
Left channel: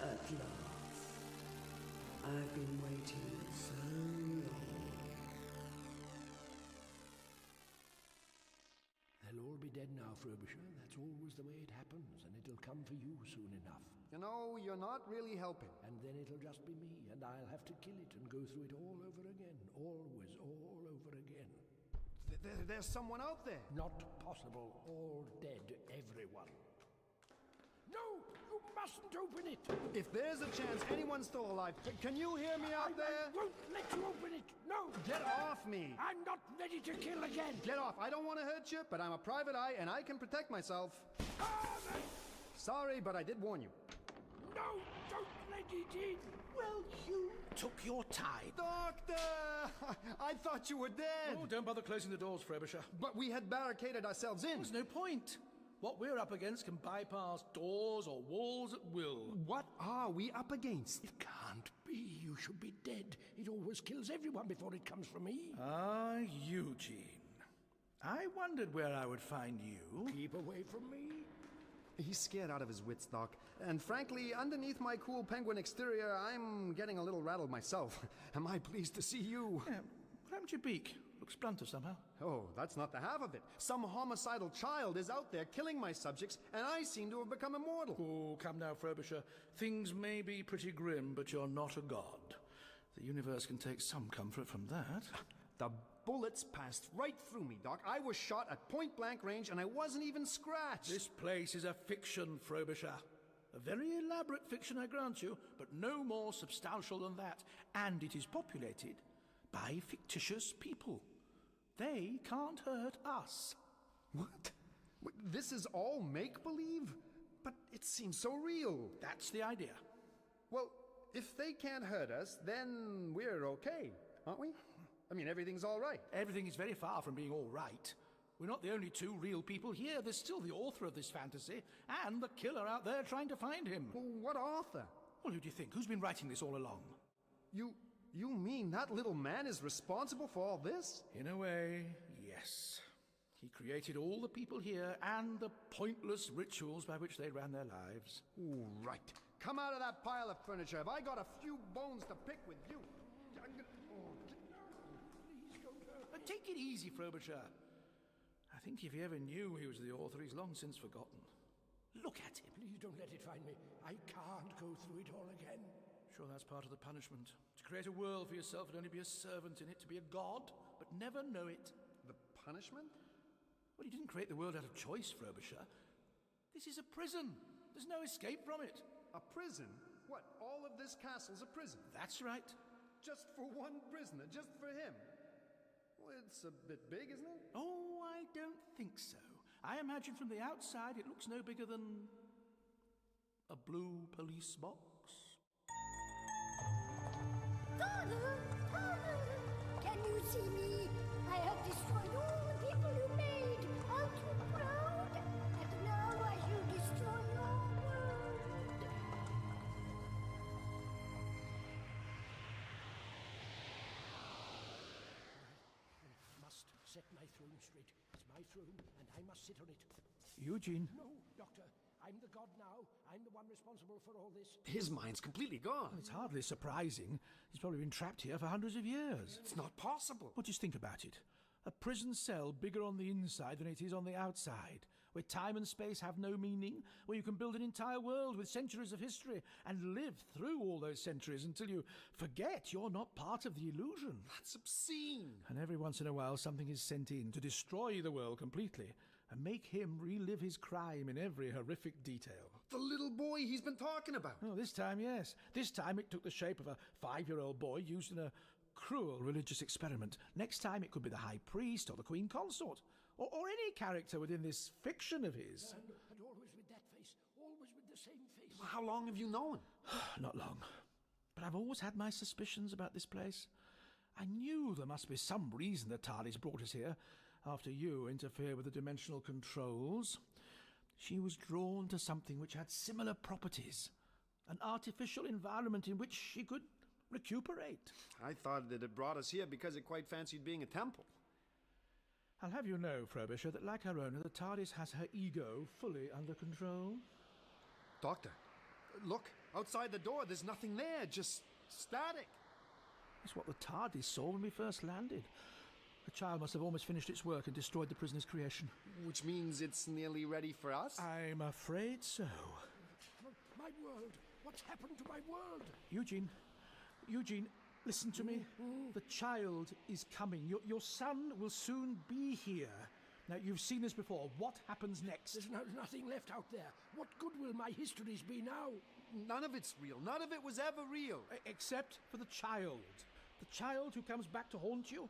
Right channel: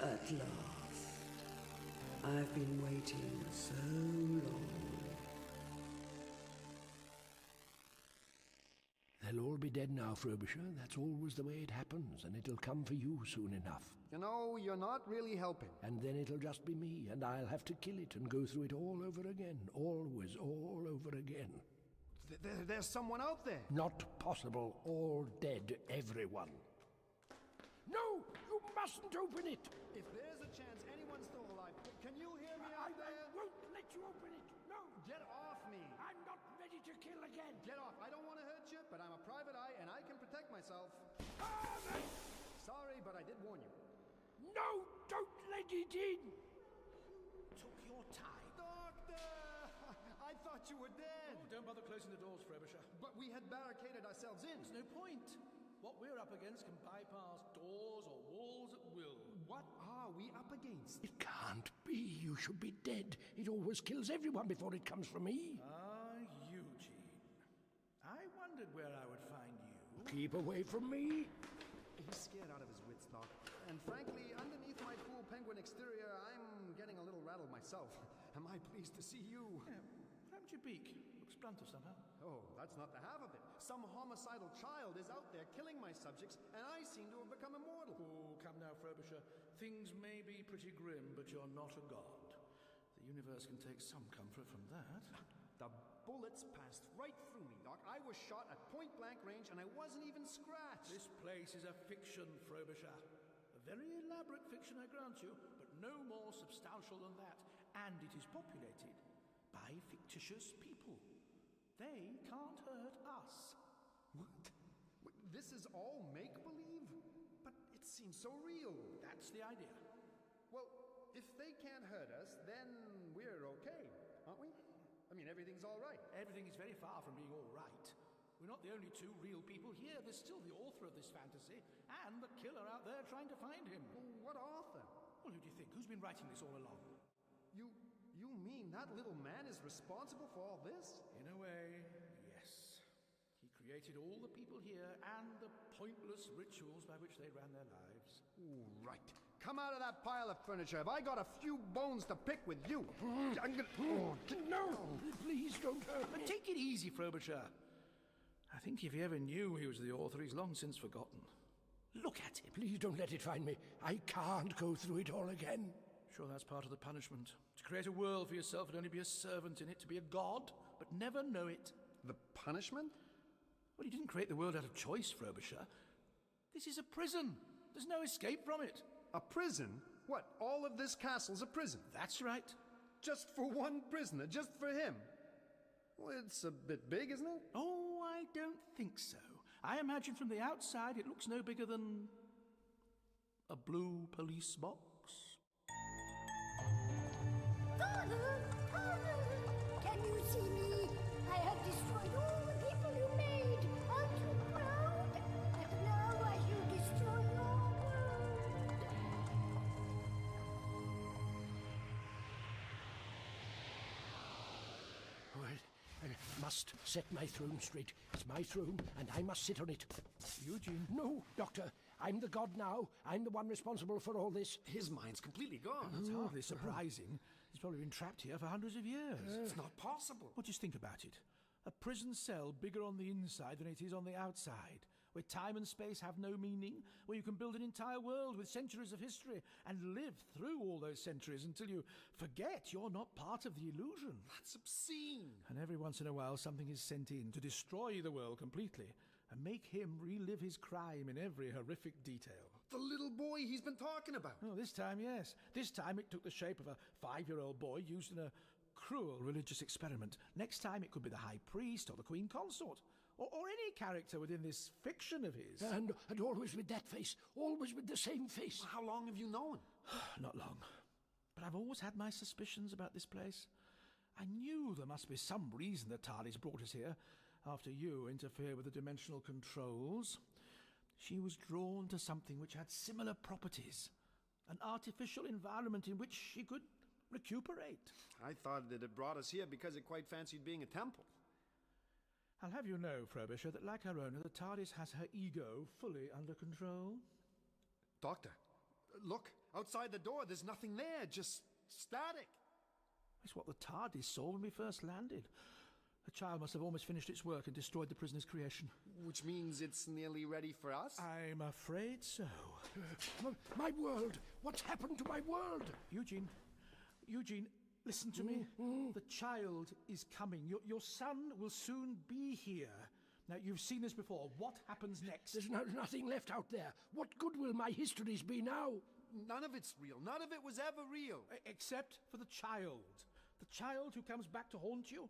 At last. I've been waiting so long. They'll all be dead now, Frobisher. That's always the way it happens, and it'll come for you soon enough. You know, you're not really helping. And then it'll just be me, and I'll have to kill it and go through it all over again. Always, all over again. There's someone out there. Not possible. All dead, everyone. No! You mustn't open it! If there's a chance anyone's still alive, can you hear me out there? I won't let you open it! No! Get off me! I'm not ready to kill again! Get off! I don't want to hurt you, but I'm a private eye and I can protect myself. Sorry, but I did warn you. No! Don't let it in! Well, you took your time. Doctor! I thought you were dead! Oh, don't bother closing the doors, Frobisher. But we had barricaded ourselves in. There's no point. What we're up against can bypass doors or walls at will. What are we up against? It can't be. You should be dead. It always kills everyone before it comes for me. Ah, Eugene. I wondered where I would find you. Keep away from me. He's scared out of his wits, Doc. And frankly, underneath my cool penguin exterior, I'm getting a little rattled myself. Am I pleased to see you? Yeah, crammed your beak. Looks blunter somehow. Oh, that's not the half of it. Some homicidal child is out there killing my subjects, and I seem to have become immortal. Oh, come now, Frobisher. Things may be pretty grim, but you're not a god. The universe can take some comfort from that. The bullets passed right through me, Doc. I was shot at point-blank range, and I wasn't even scratched. This place is a fiction, Frobisher. A very elaborate fiction, I grant you, but no more substantial than that. And it is populated by fictitious people. They can't hurt us. What? This is all make-believe? But it seems so real. That's the idea. Well, if they can't hurt us, then we're okay, aren't we? I mean, everything's all right. Everything is very far from being all right. We're not the only two real people here. There's still the author of this fantasy and the killer out there trying to find him. Well, what author? Well, who do you think? Who's been writing this all along? You mean that little man is responsible for all this? In a way, yes. He created all the people here and the pointless rituals by which they ran their lives. Ooh, right. Come out of that pile of furniture. Have I got a few bones to pick with you? No, please don't hurt me. Take it easy, Frobisher. I think if he ever knew he was the author, he's long since forgotten. Look at him. Please don't let it find me. I can't go through it all again. Sure, that's part of the punishment. To create a world for yourself and only be a servant in it, to be a god, but never know it. The punishment? Well, you didn't create the world out of choice, Frobisher. This is a prison. There's no escape from it. A prison? What, all of this castle's a prison? That's right. Just for one prisoner, just for him? Well, it's a bit big, isn't it? Oh, I don't think think so. I imagine from the outside it looks no bigger than a blue police box. Father! Father! Can you see me? I have destroyed all the people you made. Aren't you proud? And now I shall destroy your world. I must set my throne straight. It's my throne, and I must sit on it. Eugene? No, Doctor. I'm the god now. I'm the one responsible for all this. His mind's completely gone. It's hardly surprising. He's probably been trapped here for hundreds of years. It's not possible. Well, just think about it. A prison cell bigger on the inside than it is on the outside, where time and space have no meaning, where you can build an entire world with centuries of history and live through all those centuries until you forget you're not part of the illusion. That's obscene. And every once in a while something is sent in to destroy the world completely and make him relive his crime in every horrific detail. The little boy he's been talking about. Oh, this time, yes. This time it took the shape of a 5-year-old boy used in a cruel religious experiment. Next time it could be the high priest or the queen consort. Or any character within this fiction of his. And always with that face. Always with the same face. Well, how long have you known? Not long. But I've always had my suspicions about this place. I knew there must be some reason the TARDIS brought us here. After you interfered with the dimensional controls, she was drawn to something which had similar properties. An artificial environment in which she could recuperate. I thought that it brought us here because it quite fancied being a temple. I'll have you know, Frobisher, that like her owner, the TARDIS has her ego fully under control. Doctor, look, outside the door, there's nothing there, just static. It's what the TARDIS saw when we first landed. The child must have almost finished its work and destroyed the prisoner's creation. Which means it's nearly ready for us? I'm afraid so. My world! What's happened to my world? Eugene, listen to me. The child is coming. Your son will soon be here. Now, you've seen this before. What happens next? There's nothing left out there. What good will my histories be now? None of it's real. None of it was ever real. Except for the child. The child who comes back to haunt you?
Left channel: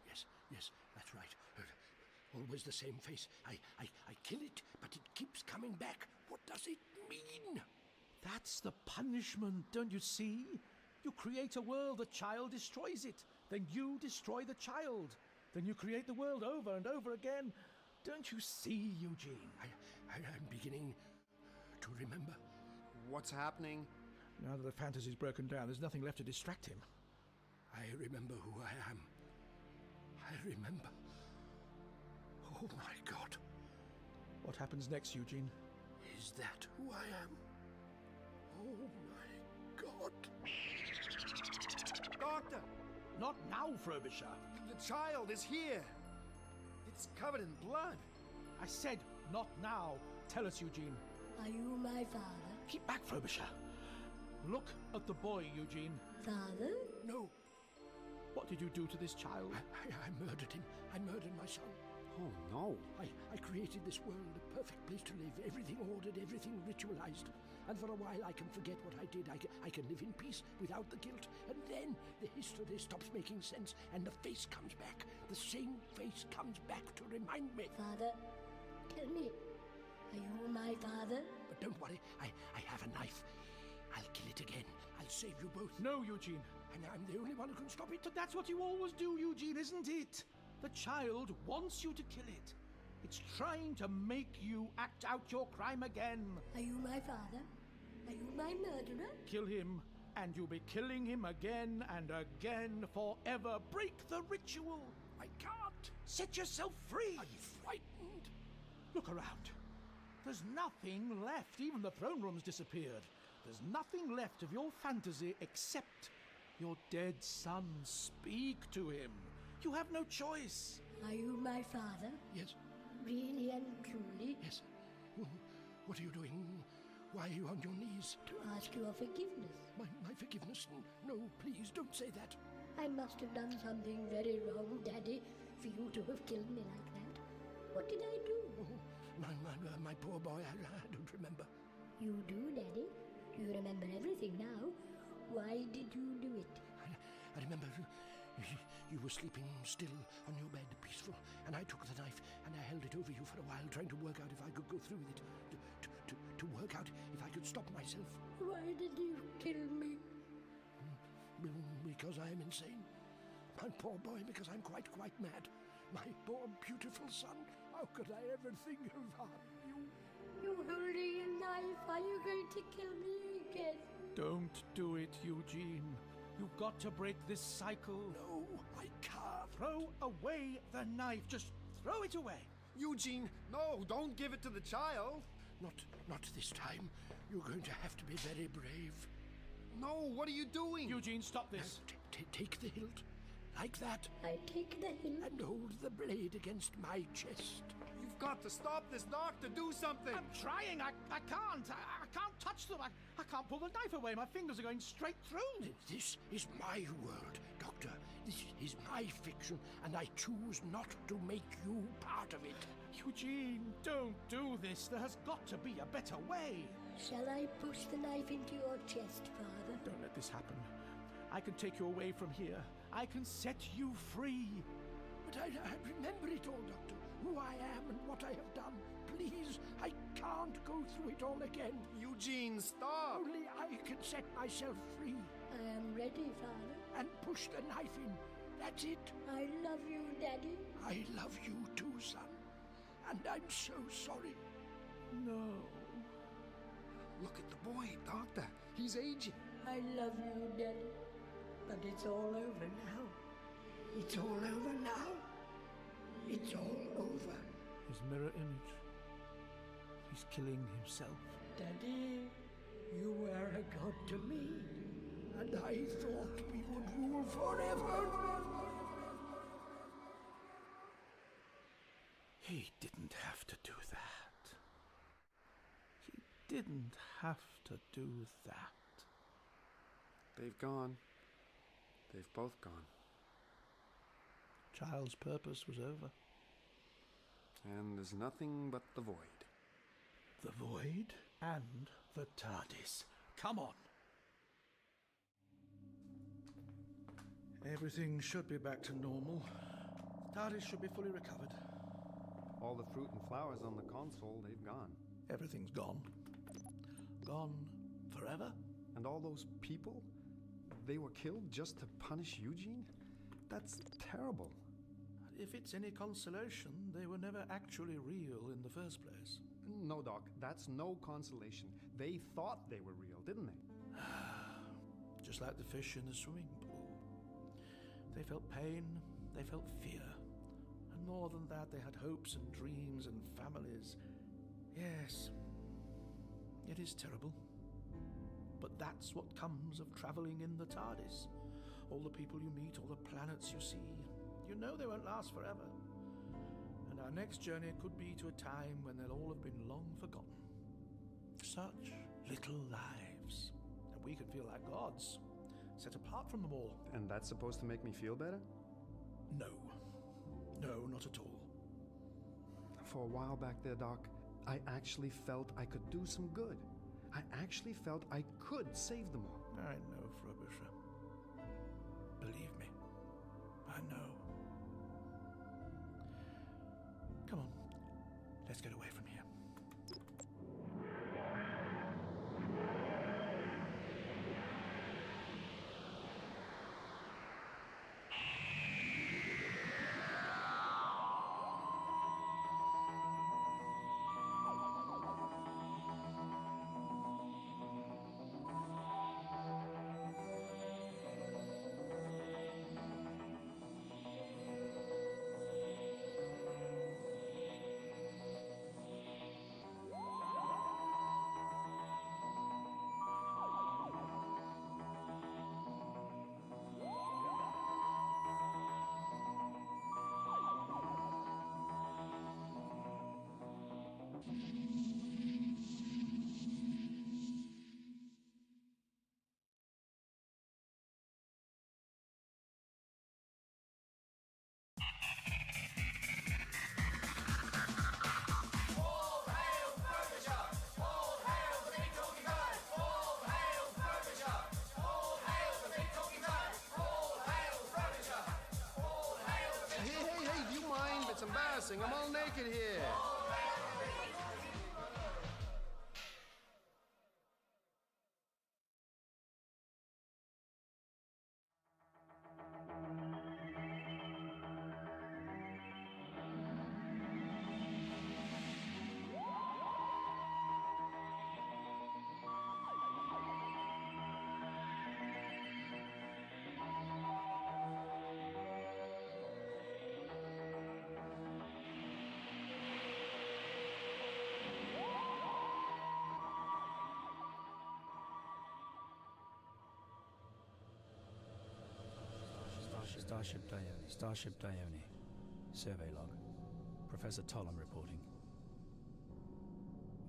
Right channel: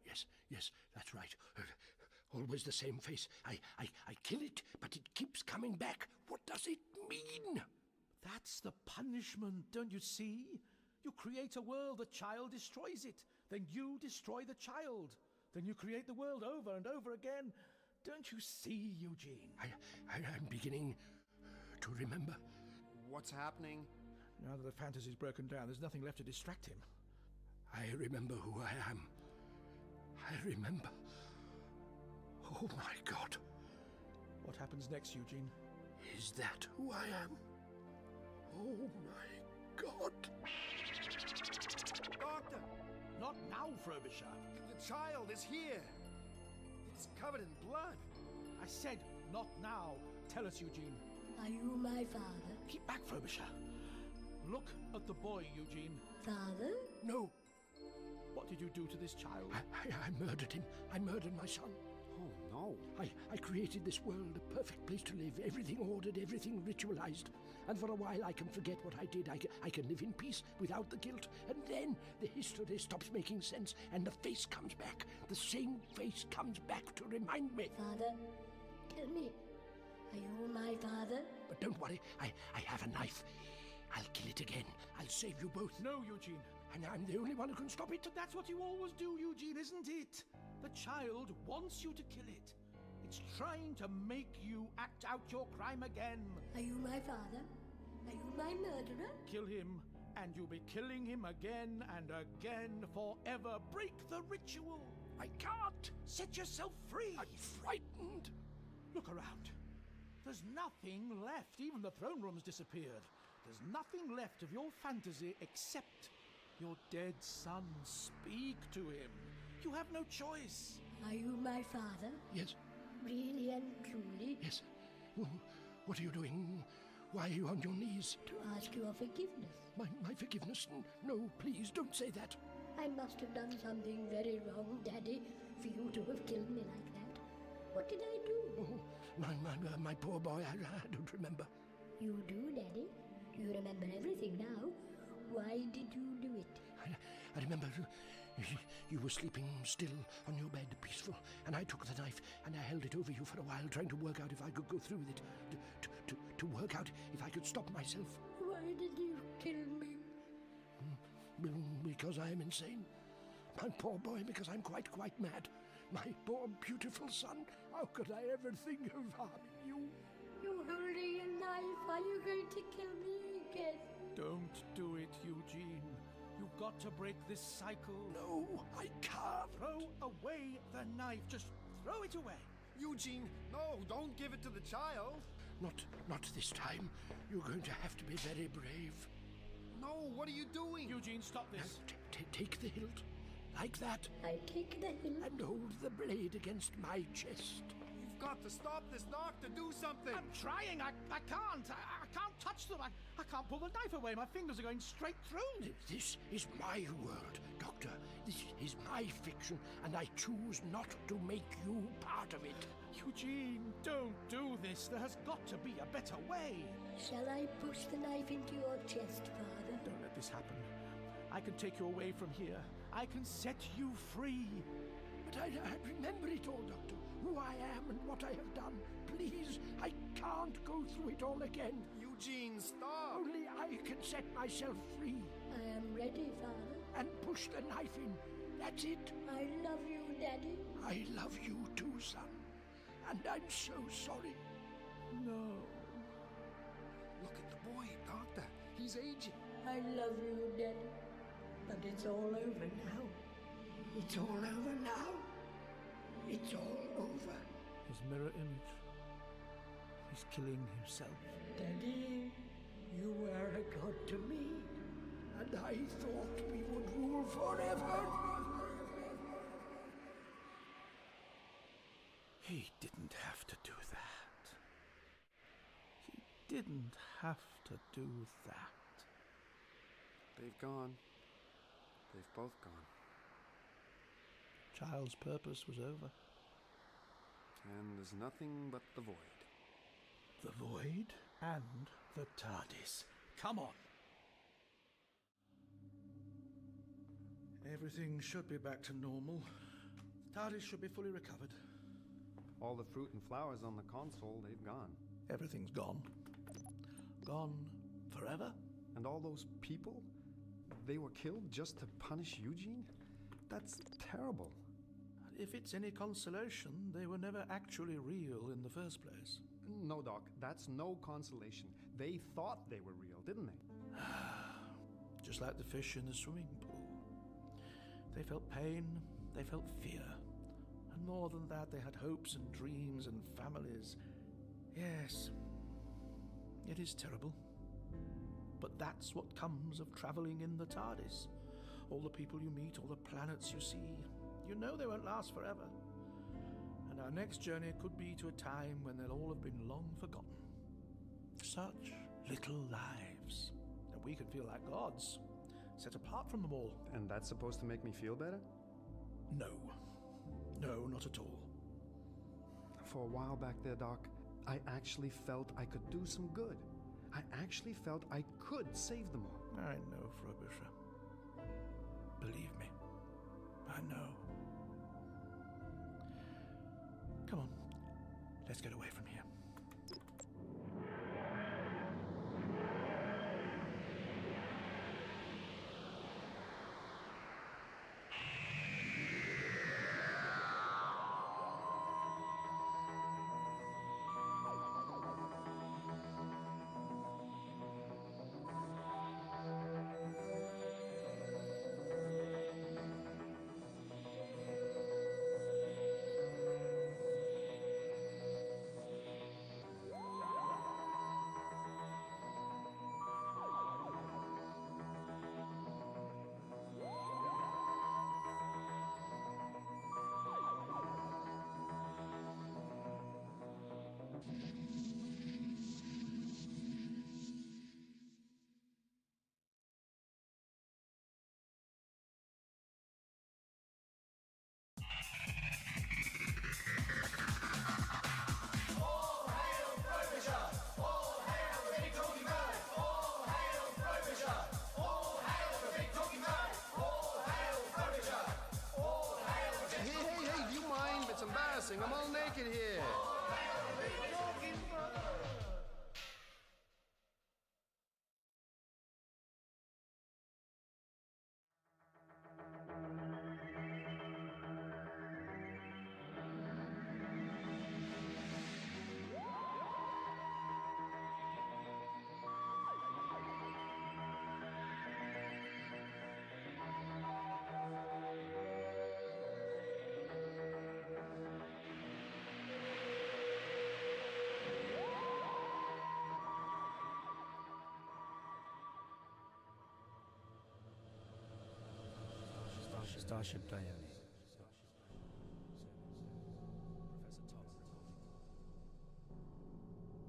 Yes, that's right. Always the same face. I kill it, but it keeps coming back. What does it mean? That's the punishment, don't you see? You create a world, the child destroys it. Then you destroy the child. Then you create the world over and over again. Don't you see, Eugene? I'm beginning to remember. What's happening? Now that the fantasy's broken down, there's nothing left to distract him. I remember who I am. I remember. Oh my God. What happens next, Eugene? Is that who I am? Oh my God. Doctor! Not now, Frobisher. The child is here. It's covered in blood. I said, not now. Tell us, Eugene. Are you my father? Keep back, Frobisher. Look at the boy, Eugene. Father? No. What did you do to this child? I murdered him. I murdered my son. Oh, no. I created this world, a perfect place to live, everything ordered, everything ritualized. And for a while I can forget what I did. I can live in peace without the guilt. And then the history stops making sense and the face comes back. The same face comes back to remind me. Father, tell me, are you my father? But don't worry, I have a knife. I'll kill it again. I'll save you both. No, Eugene. And I'm the only one who can stop it. But that's what you always do, Eugene, isn't it? The child wants you to kill it. It's trying to make you act out your crime again. Are you my father? Are you my murderer? Kill him, and you'll be killing him again and again forever. Break the ritual. I can't. Set yourself free. I'm frightened. Look around. There's nothing left. Even the throne room's disappeared. There's nothing left of your fantasy except your dead son. Speak to him. You have no choice. Are you my father? Yes. Really and truly? Yes. What are you doing? Why are you on your knees? To ask your forgiveness. My forgiveness? No, please, don't say that. I must have done something very wrong, Daddy, for you to have killed me like that. What did I do? Oh, my poor boy, I don't remember. You do, Daddy. You remember everything now. Why did you do it? I remember You were sleeping still on your bed, peaceful, and I took the knife and I held it over you for a while, trying to work out if I could go through with it, to work out if I could stop myself. Why did you kill me? Because I am insane. My poor boy, because I'm quite mad. My poor beautiful son, how could I ever think of harming you? You're holding a knife. Are you going to kill me again? Don't do it, Eugene. You've got to break this cycle. No, I can't. Throw away the knife. Just throw it away. Eugene, no, don't give it to the child. Not this time. You're going to have to be very brave. No, what are you doing? Eugene, stop this. Take the hilt. Like that. I take the hilt. And hold the blade against my chest. You've got to stop this, Doctor. Do something. I'm trying. I can't. I can't touch them. I can't pull the knife away. My fingers are going straight through. This is my world, Doctor. This is my fiction, and I choose not to make you part of it. Eugene, don't do this. There has got to be a better way. Shall I push the knife into your chest, Father? Don't let this happen. I can take you away from here. I can set you free. But I remember it all, Doctor. Who I am and what I have done. Please, I can't go through it all again. Eugene, stop! Only I can set myself free. I am ready, Father. And push the knife in. That's it. I love you, Daddy. I love you too, son. And I'm so sorry. No. Look at the boy, Doctor. He's aging. I love you, Daddy. But it's all over now. It's all over now. It's all over. His mirror image. He's killing himself. Daddy, you were a god to me. And I thought we would rule forever. He didn't have to do that. He didn't have to do that. They've gone. They've both gone. Child's purpose was over. And there's nothing but the void. The void and the TARDIS. Come on. Everything should be back to normal. TARDIS should be fully recovered. All the fruit and flowers on the console, they've gone. Everything's gone. Gone forever. And all those people, they were killed just to punish Eugene? That's terrible. If it's any consolation, they were never actually real in the first place. No, Doc, that's no consolation. They thought they were real, didn't they? Just like the fish in the swimming pool. They felt pain, they felt fear. And more than that, they had hopes and dreams and families. Yes, it is terrible. But that's what comes of travelling in the TARDIS. All the people you meet, all the planets you see, you know they won't last forever. And our next journey could be to a time when they'll all have been long forgotten. Such little lives. And we can feel like gods, set apart from them all. And that's supposed to make me feel better? No. No, not at all. For a while back there, Doc, I actually felt I could do some good. I actually felt I could save them all. I know, Frobisher. Believe me, I know. Come on, let's get away from here. embarrassing. I'm all naked here. Starship Dione. Survey log. Professor Tollum reporting.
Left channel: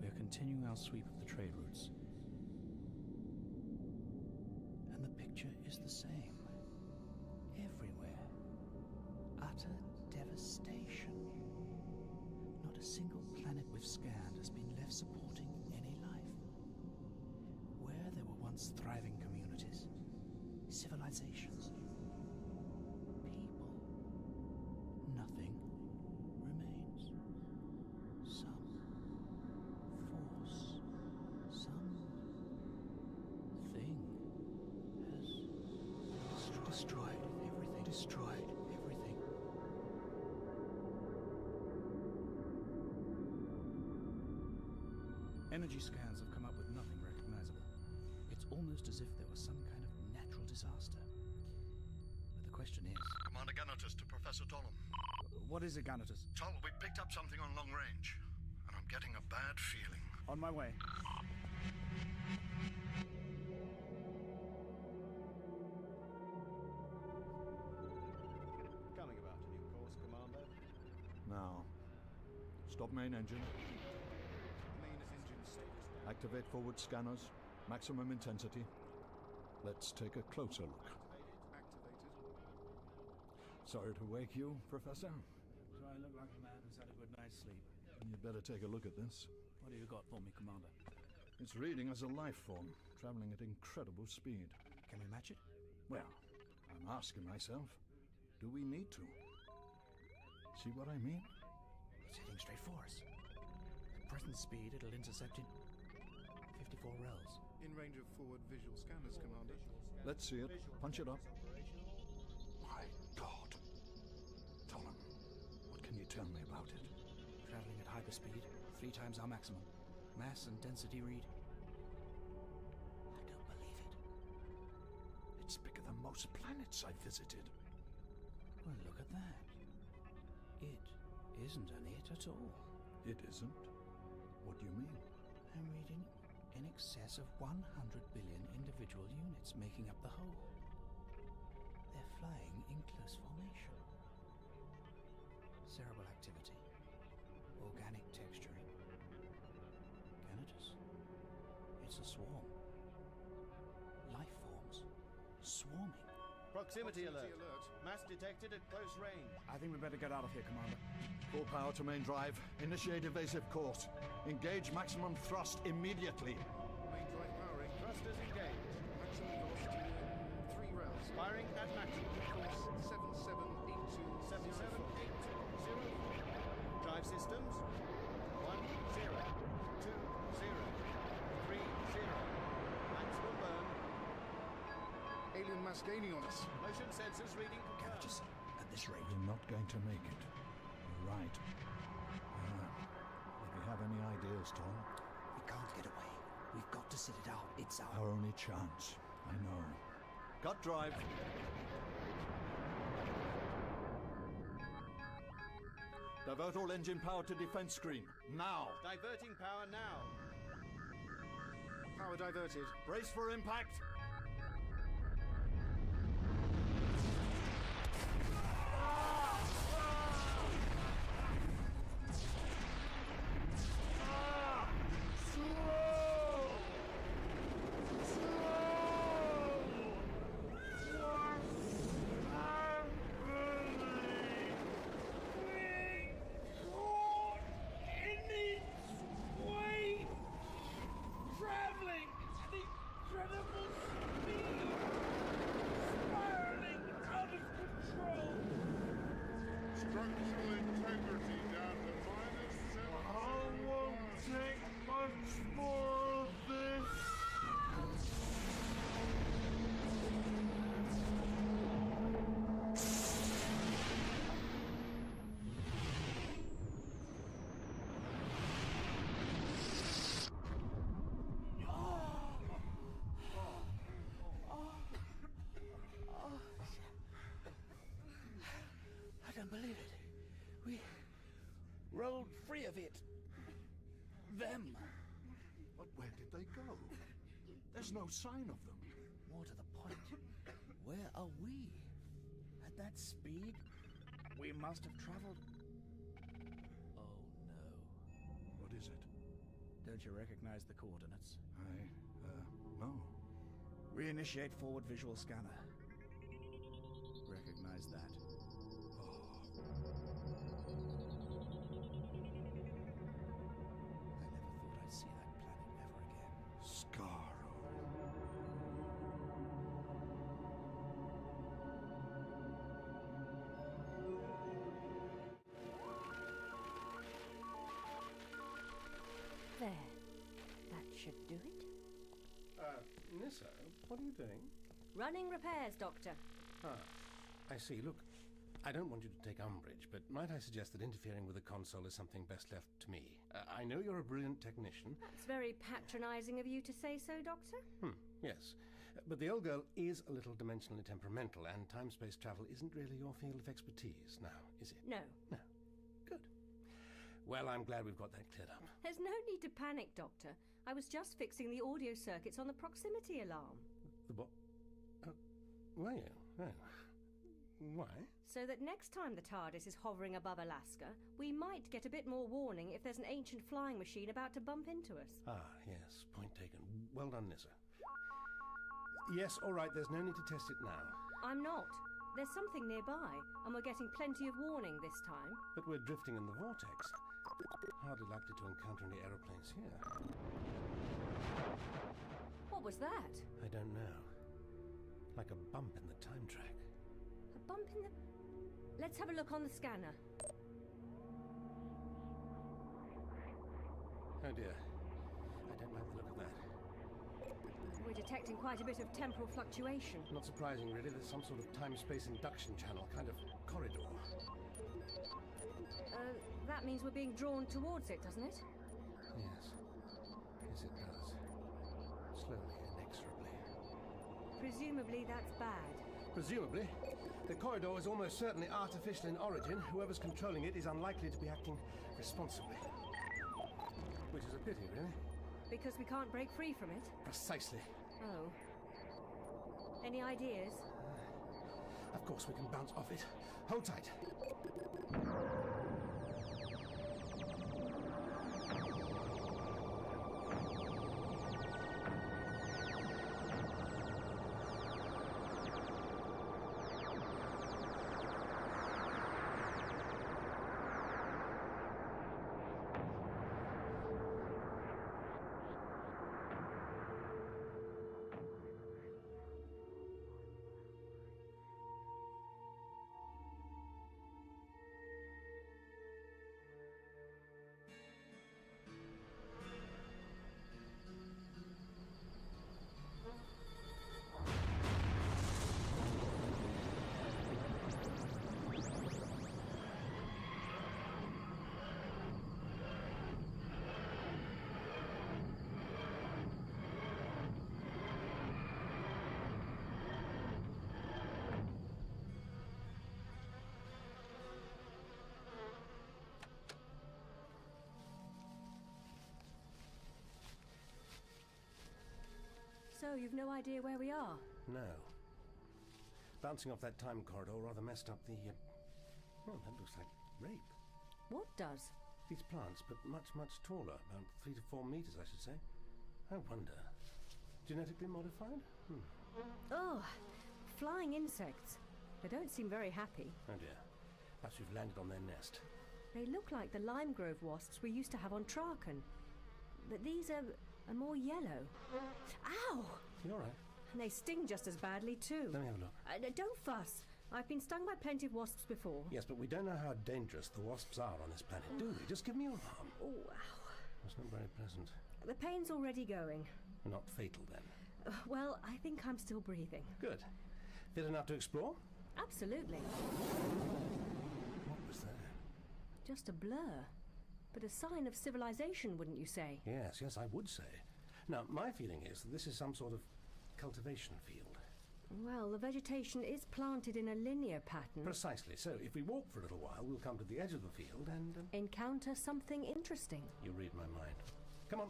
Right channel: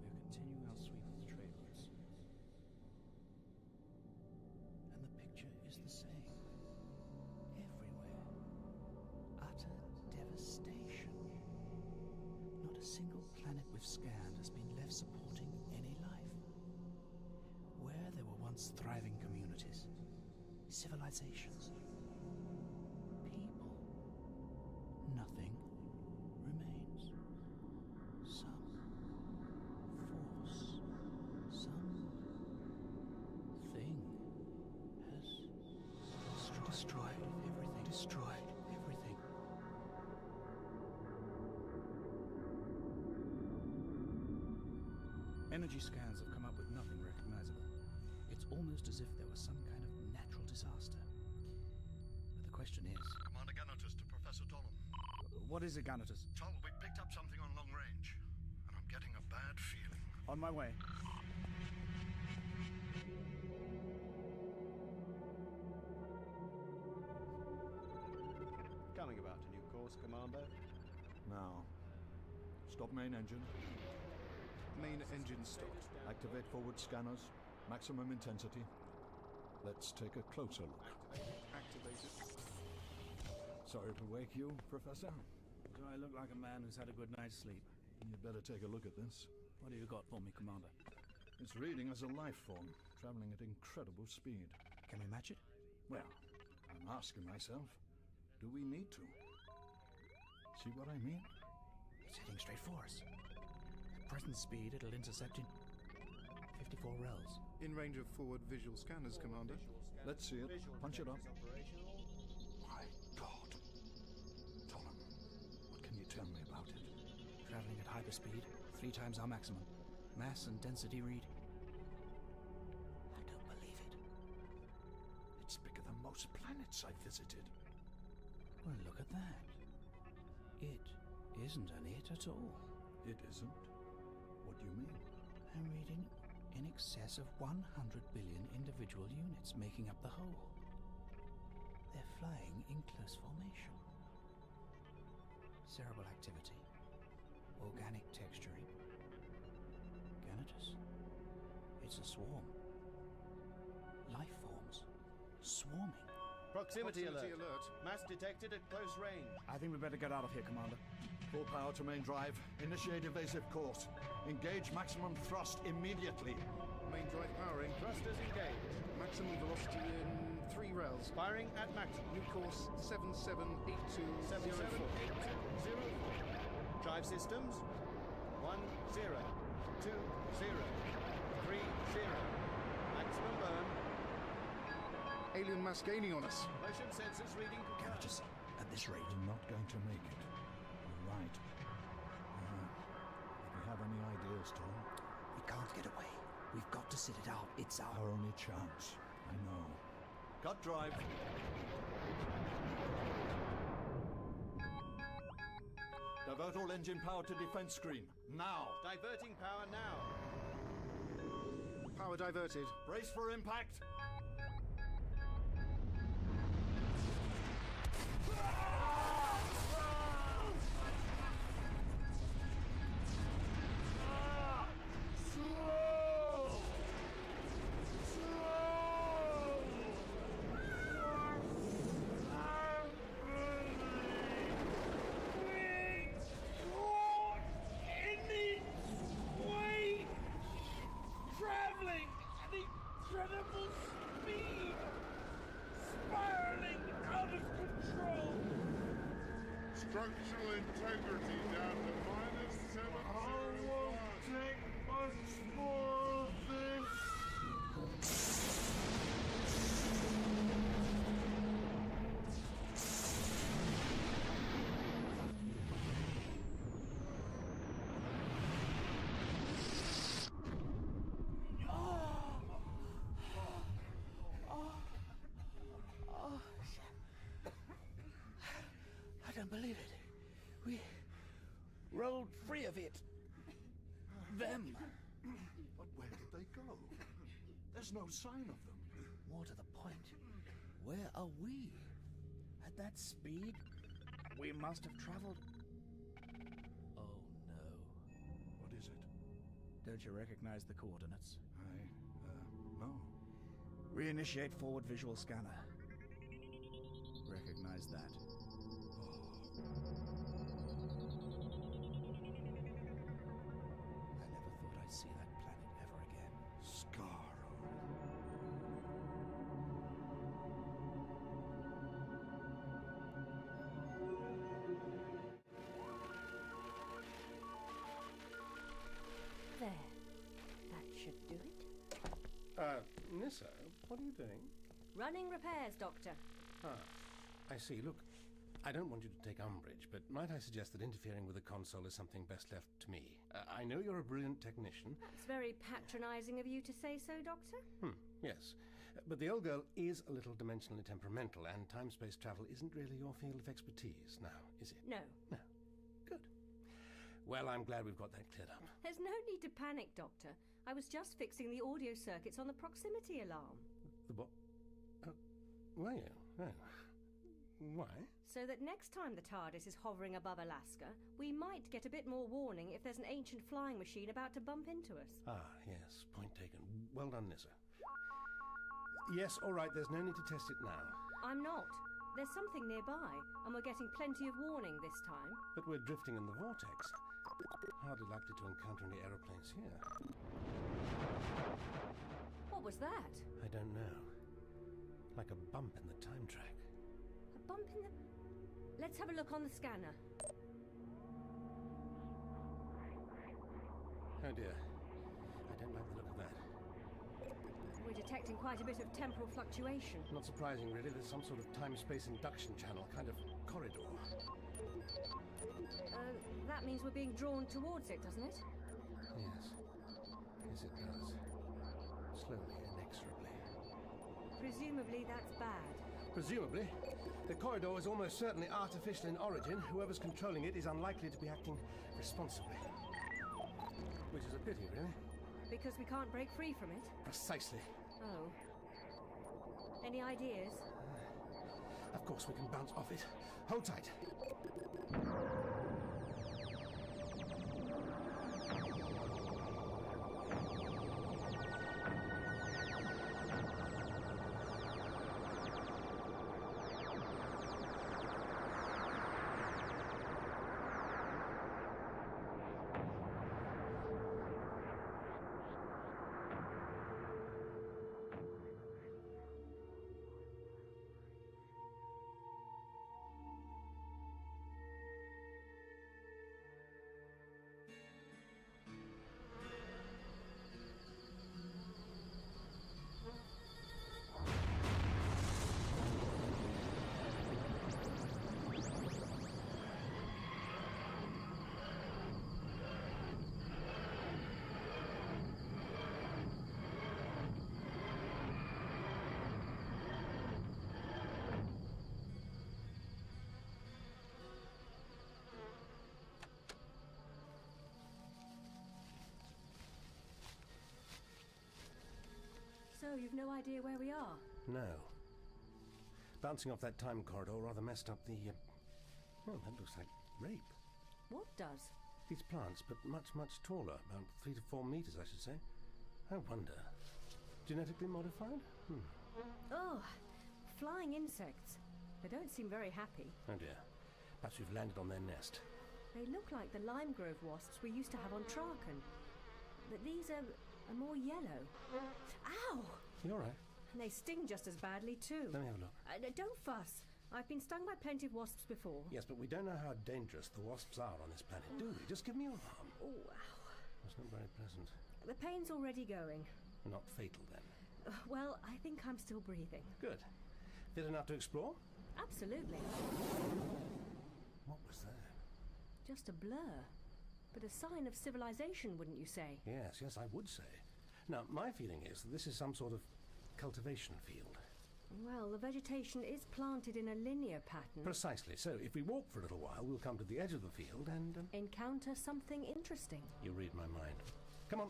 We are continuing our sweep of the trade routes. And the picture is the same. Everywhere. Utter devastation. Not a single planet we've scanned has been left supporting any life. Where there were once thriving communities, civilizations, nothing remains. Some force, some thing has destroyed everything. Destroyed everything. Energy scans have come up with nothing recognizable. It's almost as if there was some kind of natural disaster. But the question is... Commander Ganatus to Professor Tollum. What is it, Ganatus? Toll, we picked up something on long range, and I'm getting a bad feeling. On my way. Coming about to new course, Commander. Now, stop main engine. Main engine stopped. Activate forward scanners. Maximum intensity. Let's take a closer look. Activated. Sorry to wake you, Professor. Do I look like a man who's had a good night's sleep? You'd better take a look at this. What do you got for me, Commander? It's reading as a life form, traveling at incredible speed. Can we match it? Well, I'm asking myself, do we need to? See what I mean? It's heading straight for us. At present speed, it'll intercept in 54 rels. In range of forward visual scanners, Commander. Let's see it. Punch it up. My God. Tollum, what can you tell me about it? Traveling at hyperspeed, 3 times our maximum. Mass and density read. I don't believe it. It's bigger than most planets I've visited. Well, look at that. It isn't an it at all. It isn't? What do you mean? I'm reading in excess of 100 billion individual units making up the whole. They're flying in close formation. Cerebral activity. Organic texturing. Ganatus. It's a swarm. Life forms. Swarming. Proximity alert. Mass detected at close range. I think we better get out of here, Commander. Full power to main drive. Initiate evasive course. Engage maximum thrust immediately. Main drive powering. Thrusters engaged. Maximum velocity in 3 rels. Firing at maximum. New course 778204. 778204. Drive systems 10, 20, 30. Maximum burn. Alien mass gaining on us. Motion sensors reading confirmed. Ganatus, at this rate. We're not going to make it. You're right. If you have any ideas, Tom? We can't get away. We've got to sit it out. It's Our only chance. I know. Cut drive. Divert all engine power to defense screen. Now. Diverting power now. Power diverted. Brace for impact. Traveling at incredible way of it. Them. But where did they go? There's no sign of them. More to the point, where are we? At that speed, we must have traveled... Oh no. What is it? Don't you recognize the coordinates? No. Reinitiate forward visual scanner. Recognize that. I never thought I'd see that planet ever again. Scarrow. There. That should do it. Nissa, what are you doing? Running repairs, Doctor. Ah, I see. Look, I don't want you to take umbrage, but might I suggest that interfering with the console is something best left to me? I know you're a brilliant technician. That's very patronizing of you to say so, Doctor. Yes. But the old girl is a little dimensionally temperamental, and time-space travel isn't really your field of expertise now, is it? No. No. Good. Well, I'm glad we've got that cleared up. There's no need to panic, Doctor. I was just fixing the audio circuits on the proximity alarm. The what? Were you? Oh. Why? So that next time the TARDIS is hovering above Alaska, we might get a bit more warning if there's an ancient flying machine about to bump into us. Ah, yes. Point taken. Well done, Nissa. Yes, all right. There's no need to test it now. I'm not. There's something nearby, and we're getting plenty of warning this time. But we're drifting in the vortex. Hardly likely to encounter any aeroplanes here. What was that? I don't know. Like a bump in the time track. A bump in the... Let's have a look on the scanner. Oh dear. I don't like the look of that. We're detecting quite a bit of temporal fluctuation. Not surprising, really. There's some sort of time-space induction channel, kind of corridor. That means we're being drawn towards it, doesn't it? Yes. Yes, it does. Slowly, inexorably. Presumably that's bad. Presumably. The corridor is almost certainly artificial in origin. Whoever's controlling it is unlikely to be acting responsibly. Which is a pity, really. Because we can't break free from it? Precisely. Oh. Any ideas? Of course we can bounce off it. Hold tight. So, you've no idea where we are? No. Bouncing off that time corridor rather messed up the... well, that looks like rape. What does? These plants, but much, much taller. About 3 to 4 meters, I should say. I wonder. Genetically modified? Oh, flying insects. They don't seem very happy. Oh dear. Perhaps we've landed on their nest. They look like the lime grove wasps we used to have on Traken. But these are more yellow. Ow! You all right? And they sting just as badly, too. Let me have a look. Don't fuss. I've been stung by plenty of wasps before. Yes, but we don't know how dangerous the wasps are on this planet, do we? Just give me your arm. Oh, ow. That's not very pleasant. The pain's already going. Not fatal, then? Well, I think I'm still breathing. Good. Fit enough to explore? Absolutely. What was that? Just a blur. But a sign of civilization, wouldn't you say? Yes, I would say. Now, my feeling is that this is some sort of cultivation field. Well, the vegetation is planted in a linear pattern. Precisely. So if we walk for a little while, we'll come to the edge of the field and... encounter something interesting. You read my mind. Come on.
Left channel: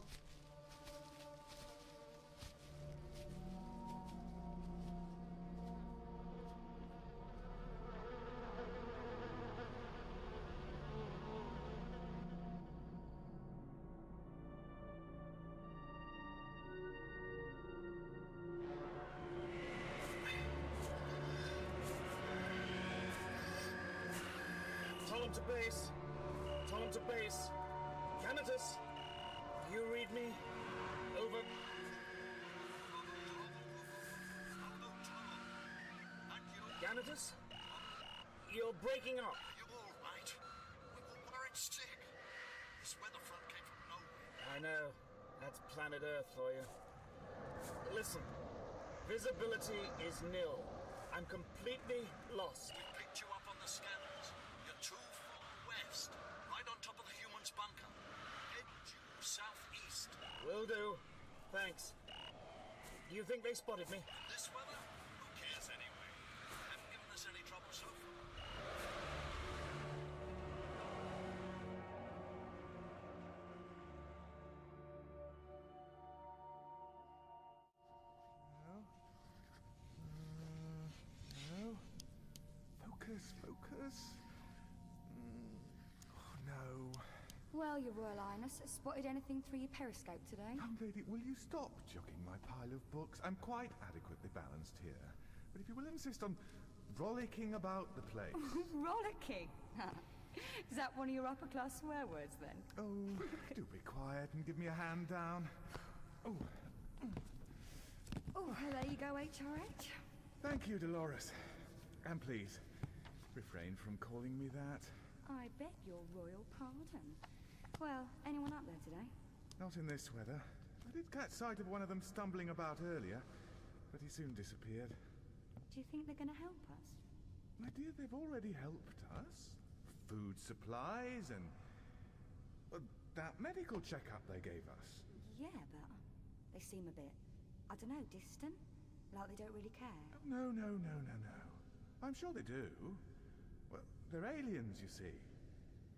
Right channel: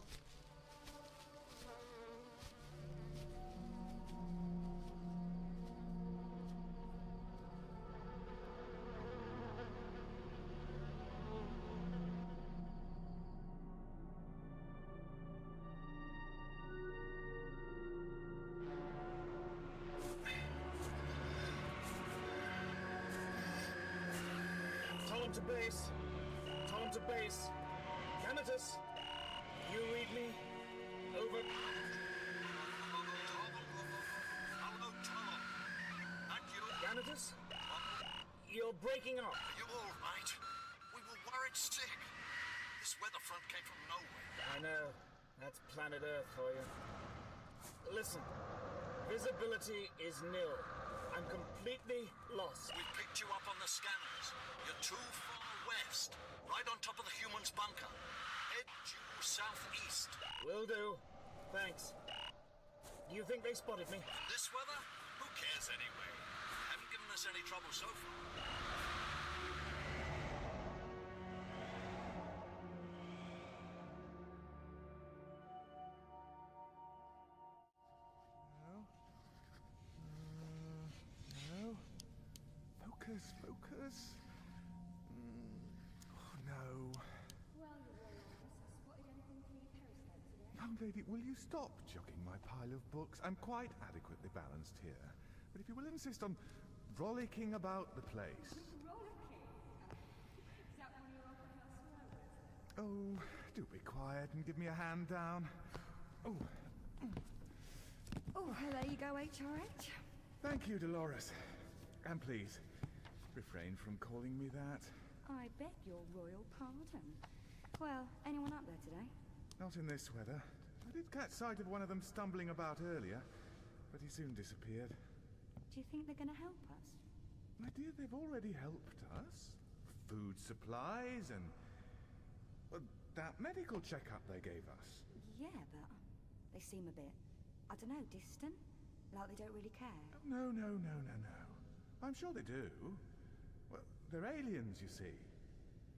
Tolum to base. Tolum to base. Canitus, you read me? Over. Canitus? You're breaking up. Are you all right? We were worried sick. This weather front came from nowhere. I know. That's planet Earth for you. Listen. Visibility is nil. I'm completely lost. We picked you up on the scanners. You're too far west. Right on top of the human's bunker. Head due southeast. Will do. Thanks. Do you think they spotted me? In this weather? Who cares anyway? Haven't given us any trouble so far. No. Focus, focus. Oh, no. Well, Your Royal Highness, spotted anything through your periscope today? Young lady, will you stop jogging my pile of books? I'm quite adequately balanced here. But if you will insist on rollicking about the place... Rollicking? Is that one of your upper-class swear words, then? Oh, do be quiet and give me a hand down. Oh. Oh, well, there you go, HRH. Thank you, Dolores. And please, refrain from calling me that. I beg your royal pardon. Well, anyone up there today? Not in this weather. I did catch sight of one of them stumbling about earlier, but he soon disappeared. Do you think they're going to help us? My dear, they've already helped us. Food supplies and... that medical checkup they gave us. Yeah, but they seem a bit, I don't know, distant? Like they don't really care? No. I'm sure they do. Well, they're aliens, you see.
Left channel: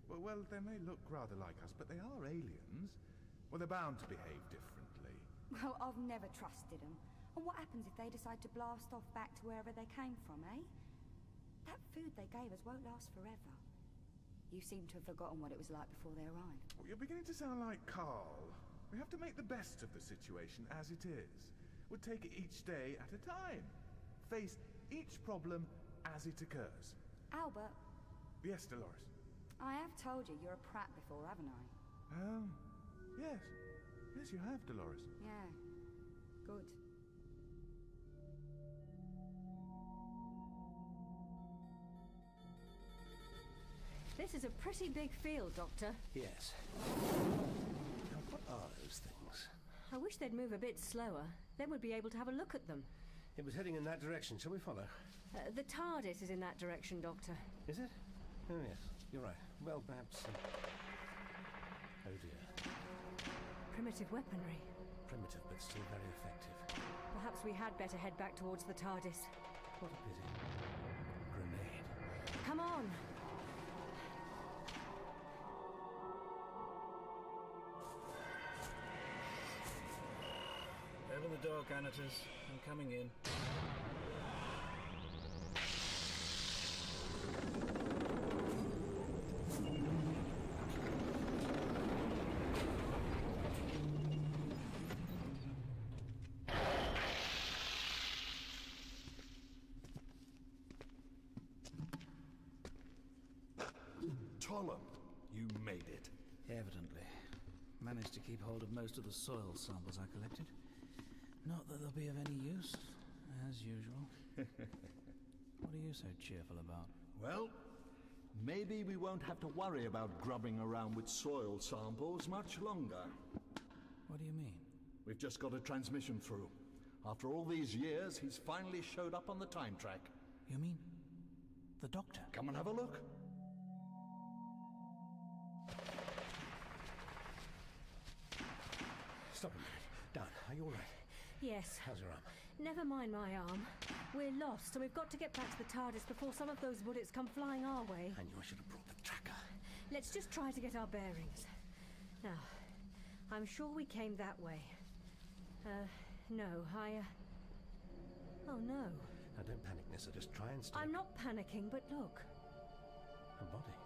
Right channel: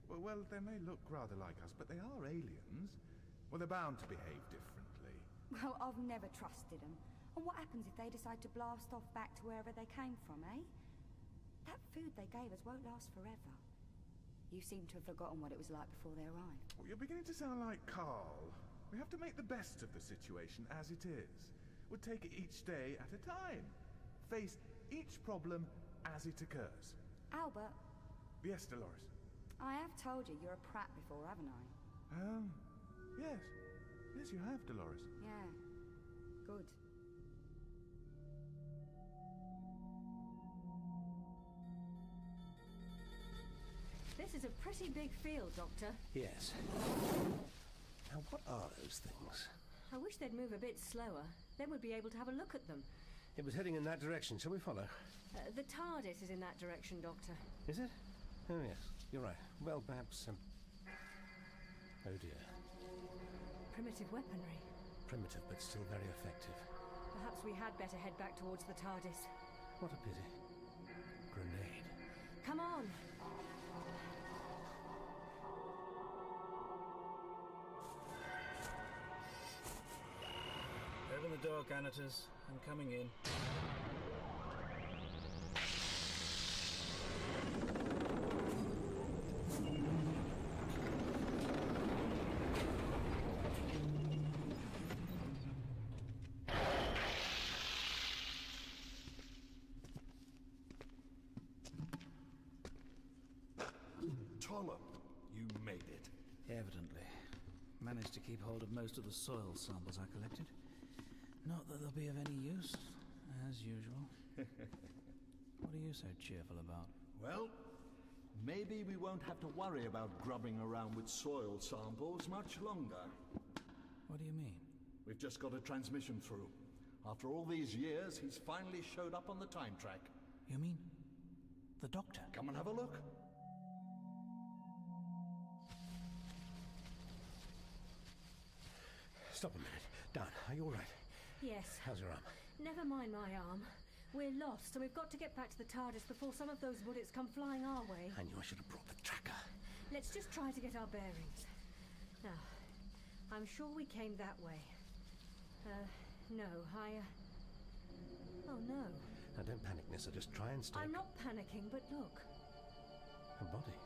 Well, they may look rather like us, but they are aliens. Well, they're bound to behave differently. Well, I've never trusted them. And what happens if they decide to blast off back to wherever they came from, eh? That food they gave us won't last forever. You seem to have forgotten what it was like before they arrived. Well, you're beginning to sound like Carl. We have to make the best of the situation as it is. We'll take it each day at a time. Face each problem as it occurs. Albert. Yes, Dolores. I have told you you're a prat before, haven't I? Yes. Yes, you have, Dolores. Yeah. Good. This is a pretty big field, Doctor. Yes. Now, what are those things? I wish they'd move a bit slower. Then we'd be able to have a look at them. It was heading in that direction. Shall we follow? The TARDIS is in that direction, Doctor. Is it? Oh, yes. You're right. Well, perhaps... Oh, dear. Primitive weaponry. Primitive, but still very effective. Perhaps we had better head back towards the TARDIS. What a pity. Grenade. Come on! Open the door, Canitus. I'm coming in. Tolum, you made it. Evidently. Managed to keep hold of most of the soil samples I collected. Not that they'll be of any use, as usual. What are you so cheerful about? Well, maybe we won't have to worry about grubbing around with soil samples much longer. What do you mean? We've just got a transmission through. After all these years, he's finally showed up on the time track. You mean the Doctor? Come and have a look. Stop a minute. Dan, are you all right? Yes. How's your arm? Never mind my arm. We're lost, and we've got to get back to the TARDIS before some of those bullets come flying our way. I knew I should have brought the tracker. Let's just try to get our bearings. Now, I'm sure we came that way. No, Oh, no. Now, don't panic, Nissa. Just try and stay... I'm not panicking, but look. A body.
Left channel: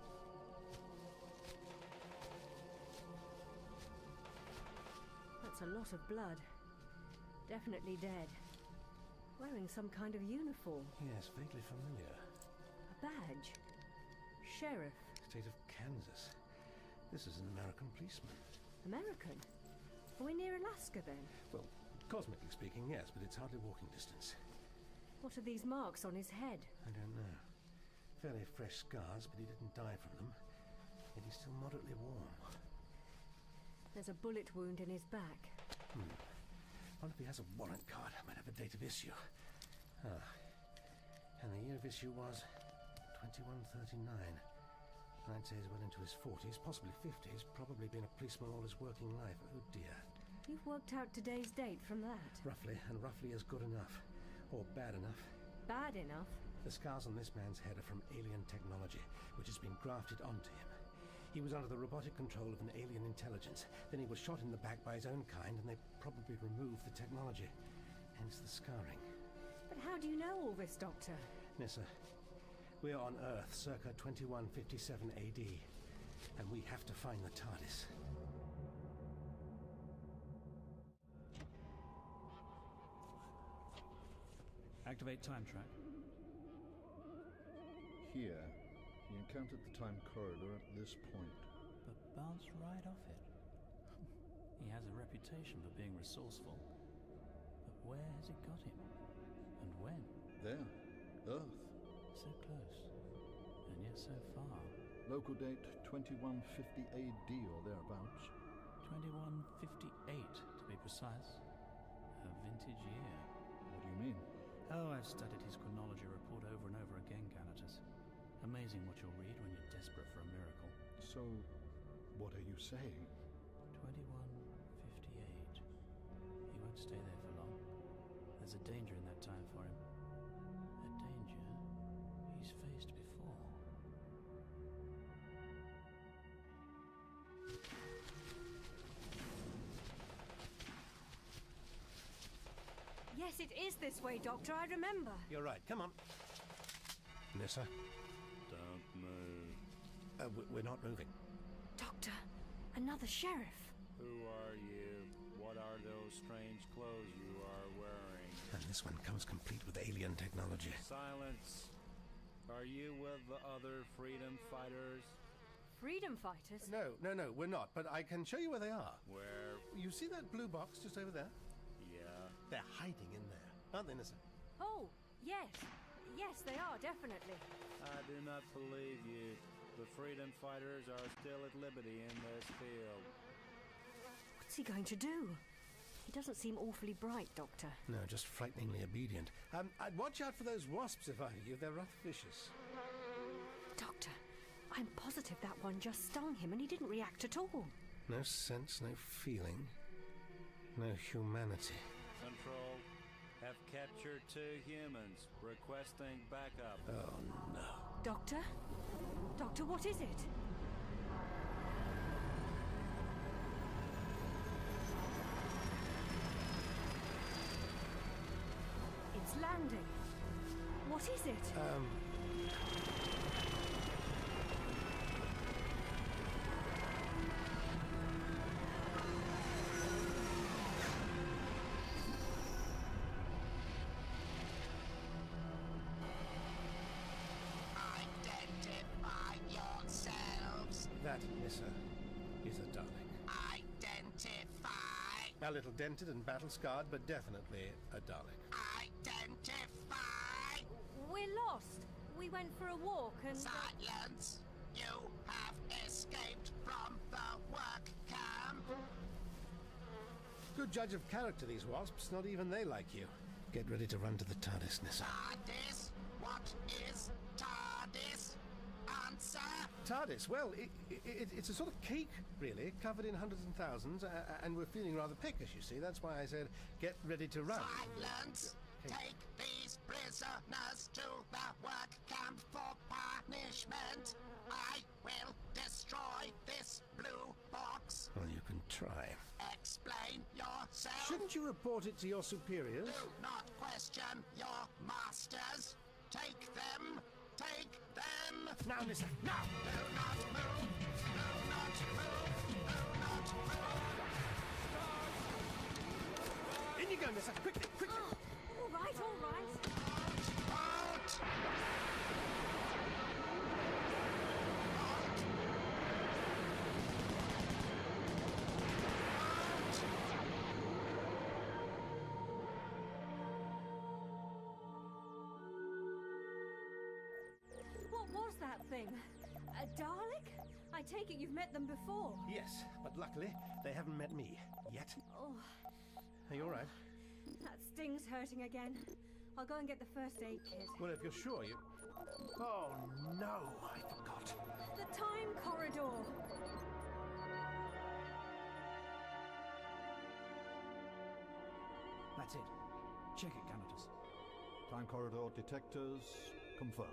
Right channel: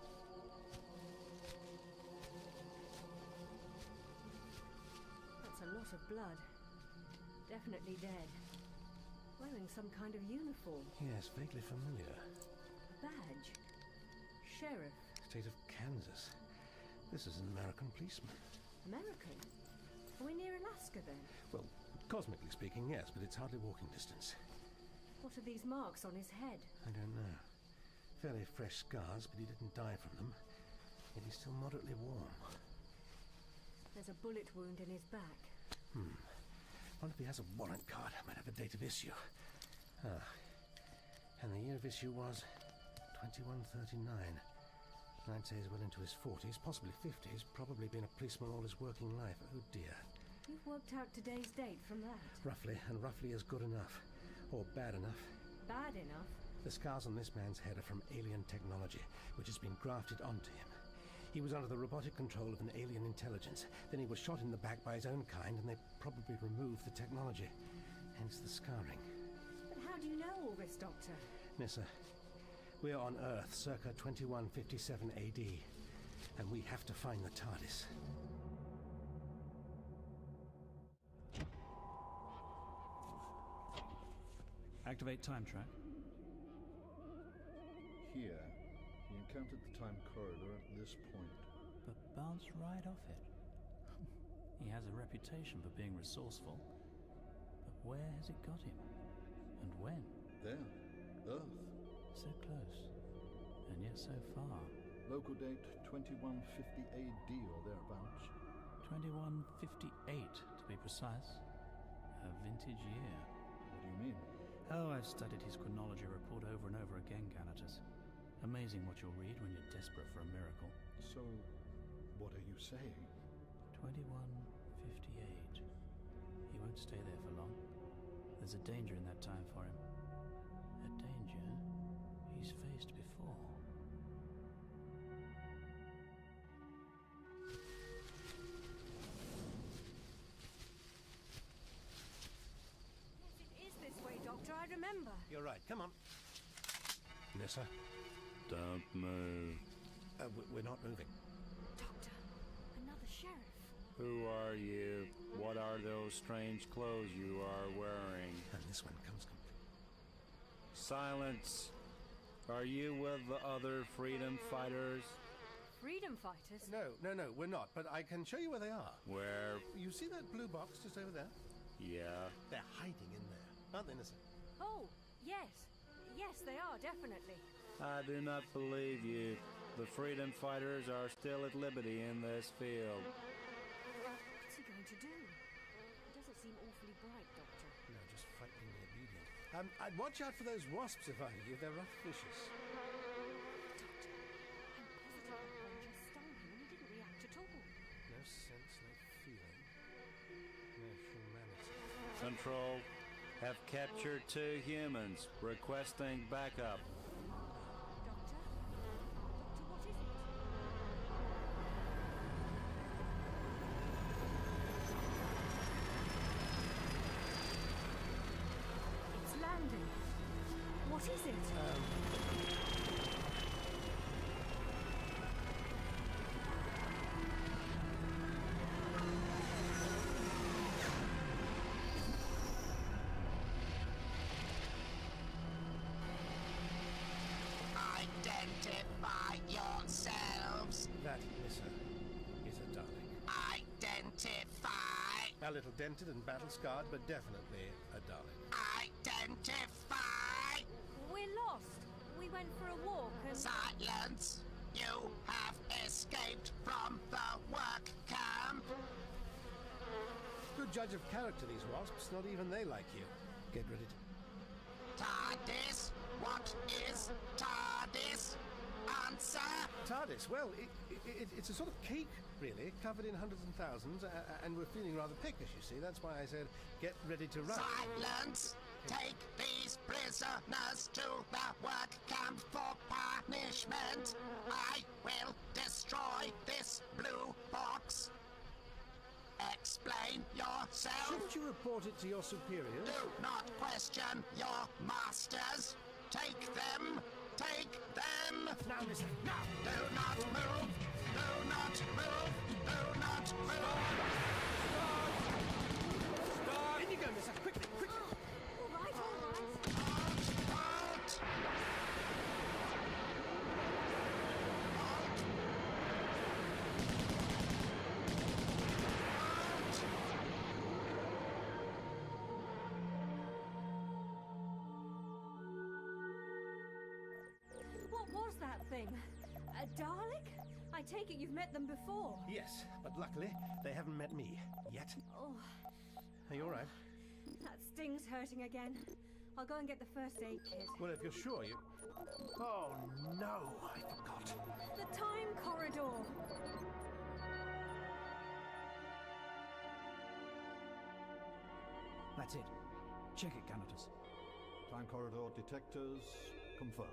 That's a lot of blood. Definitely dead. Wearing some kind of uniform. Yes, vaguely familiar. A badge. Sheriff. State of Kansas. This is an American policeman. American? Are we near Alaska, then? Well, cosmically speaking, yes, but it's hardly walking distance. What are these marks on his head? I don't know. Fairly fresh scars, but he didn't die from them. Yet he's still moderately warm. There's a bullet wound in his back. Wonder if he has a warrant card. Might have a date of issue. Ah. And the year of issue was 2139. I'd say he's well into his 40s, possibly 50s. Probably been a policeman all his working life. Oh dear. You've worked out today's date from that? Roughly, and roughly is good enough. Or bad enough. Bad enough? The scars on this man's head are from alien technology, which has been grafted onto him. He was under the robotic control of an alien intelligence. Then he was shot in the back by his own kind, and they probably removed the technology. Hence the scarring. But how do you know all this, Doctor? Nissa, we're on Earth, circa 2157 AD, and we have to find the TARDIS. Activate time track. Here, he encountered the time corridor at this point. But bounced right off it. He has a reputation for being resourceful. But where has it got him? And when? There. Earth. So close. And yet so far. Local date 2150 AD or thereabouts. 2158 to be precise. A vintage year. What do you mean? Oh, I've studied his chronology report over and over again, Ganatus. Amazing what you'll read when you're desperate for a miracle. So, what are you saying? 2158. He won't stay there for long. There's a danger in that time for him. A danger he's faced before. Yes, it is this way, Doctor. I remember. You're right. Come on. Nissa? Don't move. We're not moving. Doctor, another sheriff. Who are you? What are those strange clothes you are wearing? And this one comes complete with alien technology. Silence! Are you with the other freedom fighters? Freedom fighters? No, we're not. But I can show you where they are. Where? You see that blue box just over there? Yeah. They're hiding in there, aren't they, Nissa? Oh, yes. Yes, they are, definitely. I do not believe you. The freedom fighters are still at liberty in this field. What's he going to do? He doesn't seem awfully bright, Doctor. No, just frighteningly obedient. I'd watch out for those wasps if I were you. They're rough vicious. Doctor, I'm positive that one just stung him and he didn't react at all. No sense, no feeling, no humanity. Control, have captured 2 humans, requesting backup. Oh, no. Doctor? Doctor, what is it? It's landing. What is it? Identify yourselves. That, Nissa, is a darling. Identify. A little dented and battle-scarred, but definitely a darling. Identify. We're lost. We went for a walk and... Silence. You have escaped from the work camp. Good judge of character, these wasps. Not even they like you. Get ready to run to the TARDIS, Nissa. TARDIS? What is TARDIS? Answer! TARDIS, well, it's a sort of cake, really, covered in hundreds and thousands, and we're feeling rather peckish, you see. That's why I said, get ready to run. Silence! Take these prisoners to the work camp for punishment. I will destroy this blue box. Well, you can try. Explain yourself. Shouldn't you report it to your superiors? Do not question your masters. Take them. Take them. Now listen. Now. Do not move. Do not move. Do not move. In you go, mister. Quickly, quickly. All right, all right. Out. What was that thing? A Dalek? I take it you've met them before. Yes, but luckily they haven't met me yet. Oh, Are you all right? that sting's hurting again. I'll go and get the first aid kit. Well, if you're sure you... Oh, no, I forgot. The time corridor. That's it. Check it, Canatus. Time corridor detectors confirmed.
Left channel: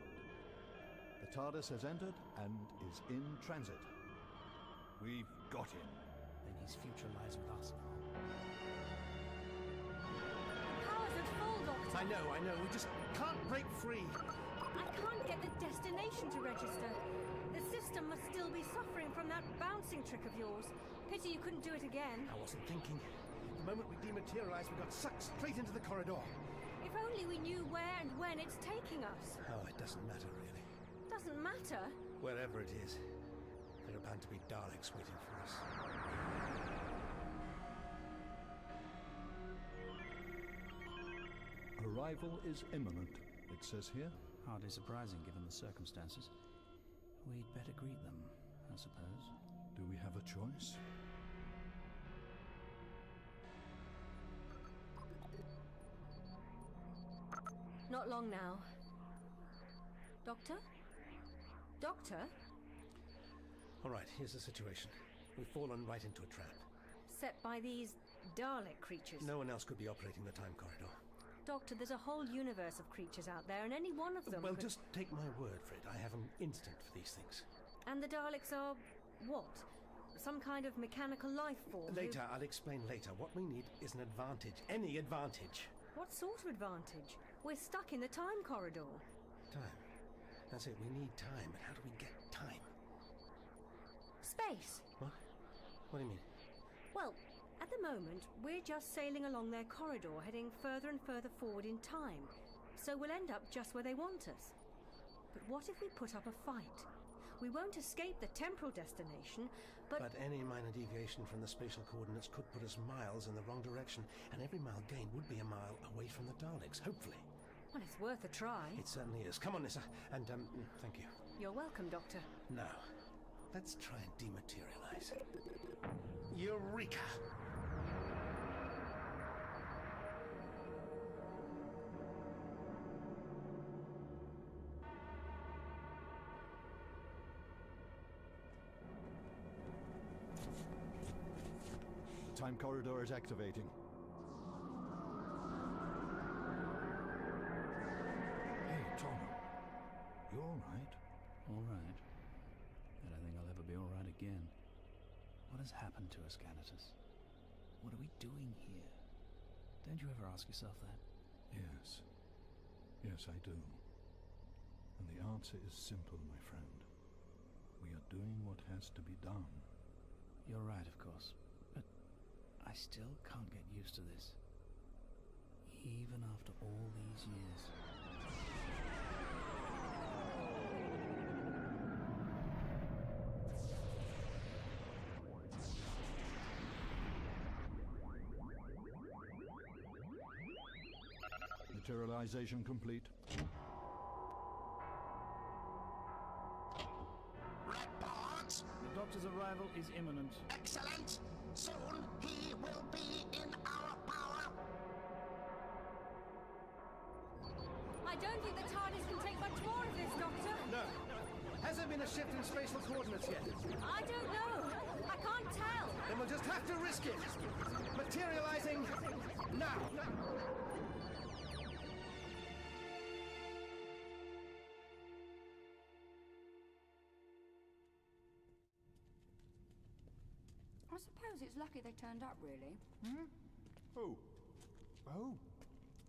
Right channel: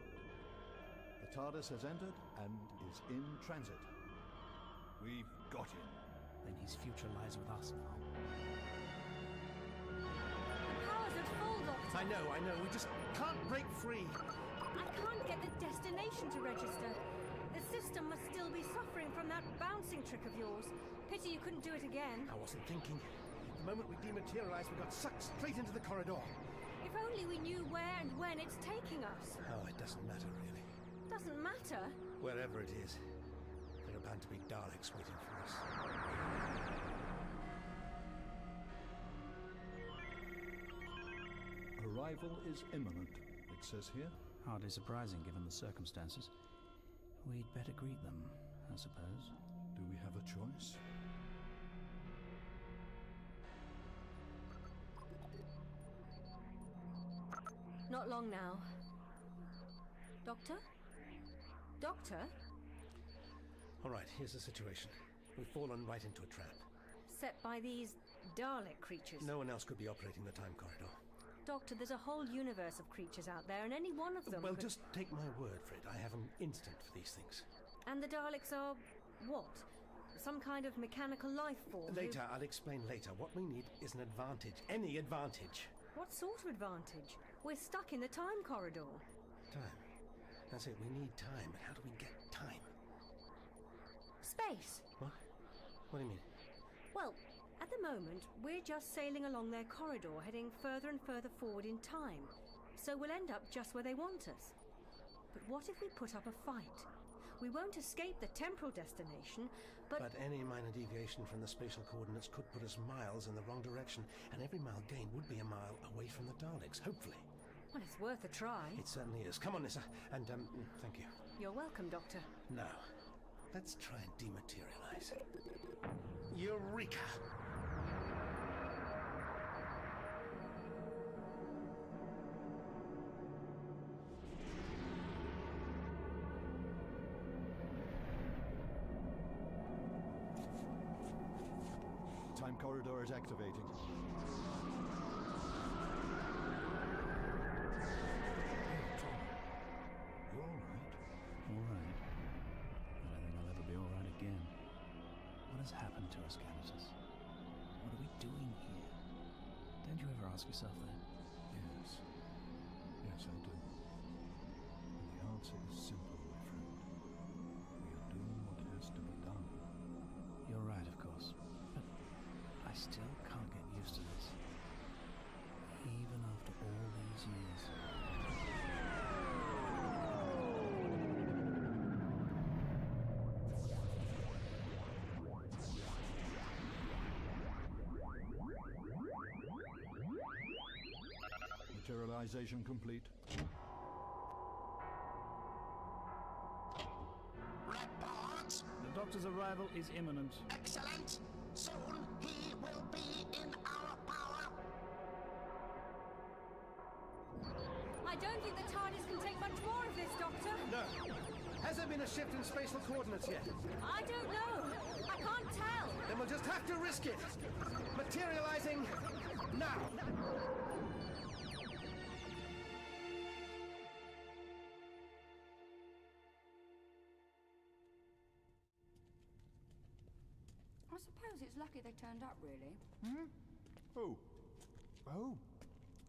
The TARDIS has entered and is in transit. We've got him. Then his future lies with us now. The power's at full, Doctor. I know. We just can't break free. I can't get the destination to register. The system must still be suffering from that bouncing trick of yours. Pity you couldn't do it again. I wasn't thinking. The moment we dematerialized, we got sucked straight into the corridor. If only we knew where and when it's taking us. Oh, it doesn't matter, really. Doesn't matter. Wherever it is, there are bound to be Daleks waiting for us. Arrival is imminent, it says here. Hardly surprising given the circumstances. We'd better greet them, I suppose. Do we have a choice? Not long now. Doctor? Doctor? All right, here's the situation. We've fallen right into a trap. Set by these Dalek creatures. No one else could be operating the time corridor. Doctor, there's a whole universe of creatures out there, and any one of them Well, could... just take my word for it. I have an instinct for these things. And the Daleks are... what? Some kind of mechanical life form? Later, I'll explain later. What we need is an advantage. Any advantage. What sort of advantage? We're stuck in the time corridor. Time. That's it. We need time. But how do we get time? Space. What? What do you mean? Well, at the moment, we're just sailing along their corridor, heading further and further forward in time. So we'll end up just where they want us. But what if we put up a fight? We won't escape the temporal destination, but any minor deviation from the spatial coordinates could put us miles in the wrong direction, and every mile gained would be a mile away from the Daleks, hopefully. Well, it's worth a try. It certainly is. Come on, Nissa, and, thank you. You're welcome, Doctor. Now, let's try and dematerialize. Eureka! Time corridor is activating. Hey, Tom. You all right? All right. I don't think I'll ever be all right again. What has happened to us, Canatus? What are we doing here? Don't you ever ask yourself that? Yes. Yes, I do. And the answer is simple, my friend. We are doing what has to be done. You're right, of course. But I still can't get used to this. Even after all these years. Materialization complete. Report! The doctor's arrival is imminent. Excellent! Soon he will be in our power! I don't think the TARDIS can take much more of this, Doctor. No. Has there been a shift in spatial coordinates yet? I don't know. I can't tell. Then we'll just have to risk it. Materializing now. suppose it's lucky they turned up, really. Oh. Oh.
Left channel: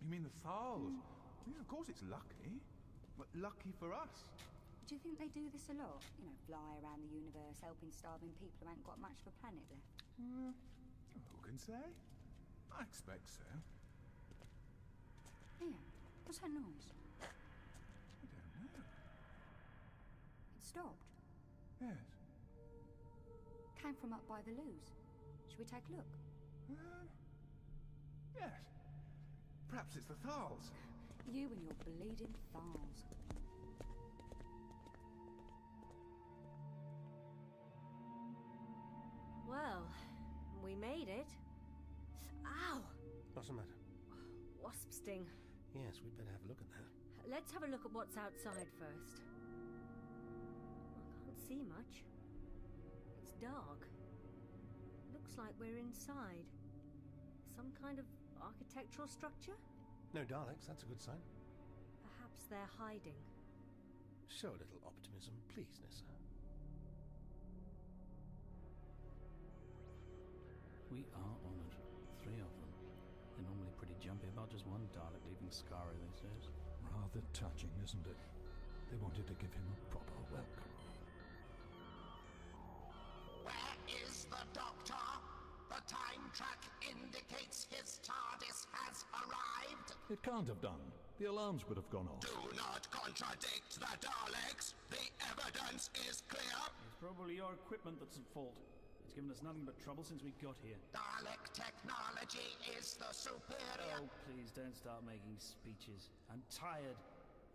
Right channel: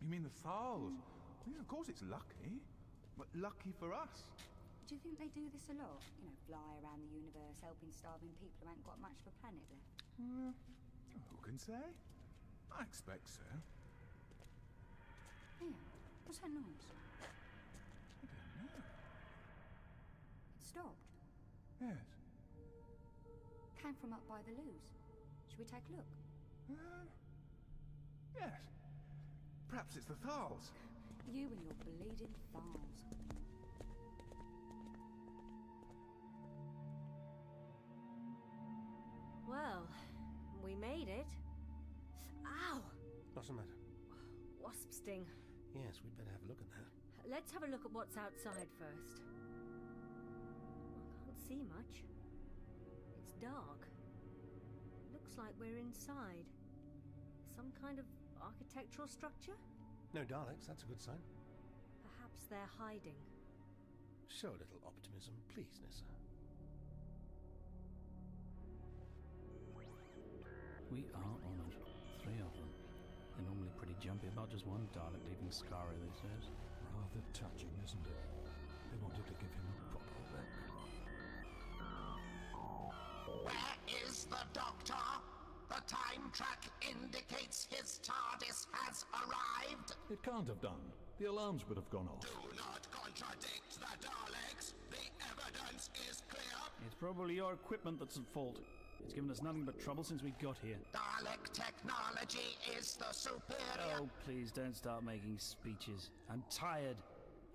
You mean the Thals? Yeah, of course it's lucky. But lucky for us. Do you think they do this a lot? You know, fly around the universe helping starving people who ain't got much of a planet left? Who can say? I expect so. Here, what's that noise? I don't know. It stopped. Yes. Came from up by the loos. Should we take a look? Yes. Perhaps it's the Thals. You and your bleeding Thals. Well, we made it. Ow! What's the matter? Wasp sting. Yes, we'd better have a look at that. Let's have a look at what's outside first. I can't see much. It's dark. Looks like we're inside. Some kind of architectural structure? No Daleks, that's a good sign. Perhaps they're hiding. Show a little optimism, please, Nissa. We are honoured. 3 of them. They're normally pretty jumpy about just one Dalek leaving Skari these days. Rather touching, isn't it? They wanted to give him a proper wreck. Where is the Doctor? The time track indicates his TARDIS has arrived. It can't have done. The alarms would have gone off. Do not contradict the Daleks. The evidence is clear. It's probably your equipment that's at fault. It's given us nothing but trouble since we got here. Dalek technology is the superior. Oh, please don't start making speeches. I'm tired,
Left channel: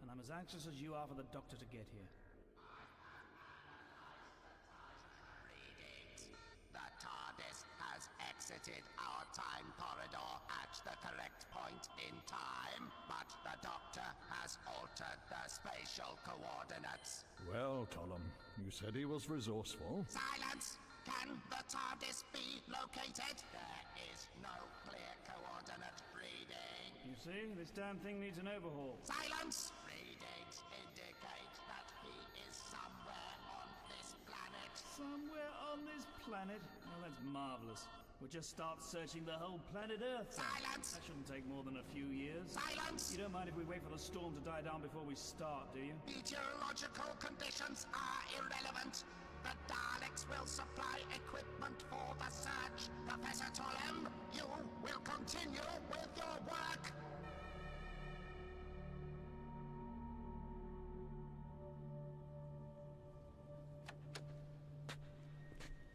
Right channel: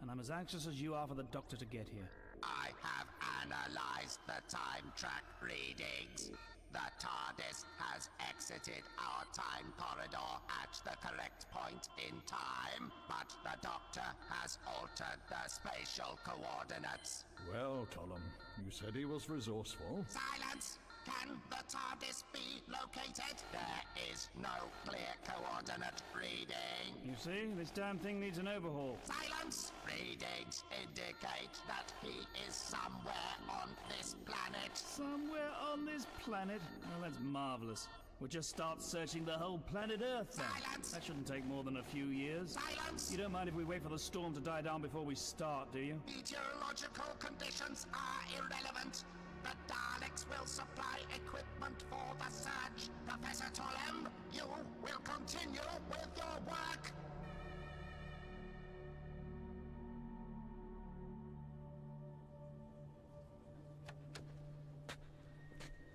and I'm as anxious as you are for the Doctor to get here. I have analyzed the time track readings. The TARDIS has exited our time corridor at the correct point in time, but the Doctor has altered the spatial coordinates. Well, Colum, you said he was resourceful. Silence! Can the TARDIS be located? There is no clear coordinate reading. You see, this damn thing needs an overhaul. Silence! Readings indicate that he is somewhere on this planet. Somewhere on this planet? Well, that's marvellous. We'll just start searching the whole planet Earth then. Silence! That shouldn't take more than a few years. Silence! You don't mind if we wait for the storm to die down before we start, do you? Meteorological conditions are irrelevant. The Daleks will supply equipment for the search. Professor Tolem, you will continue with your work.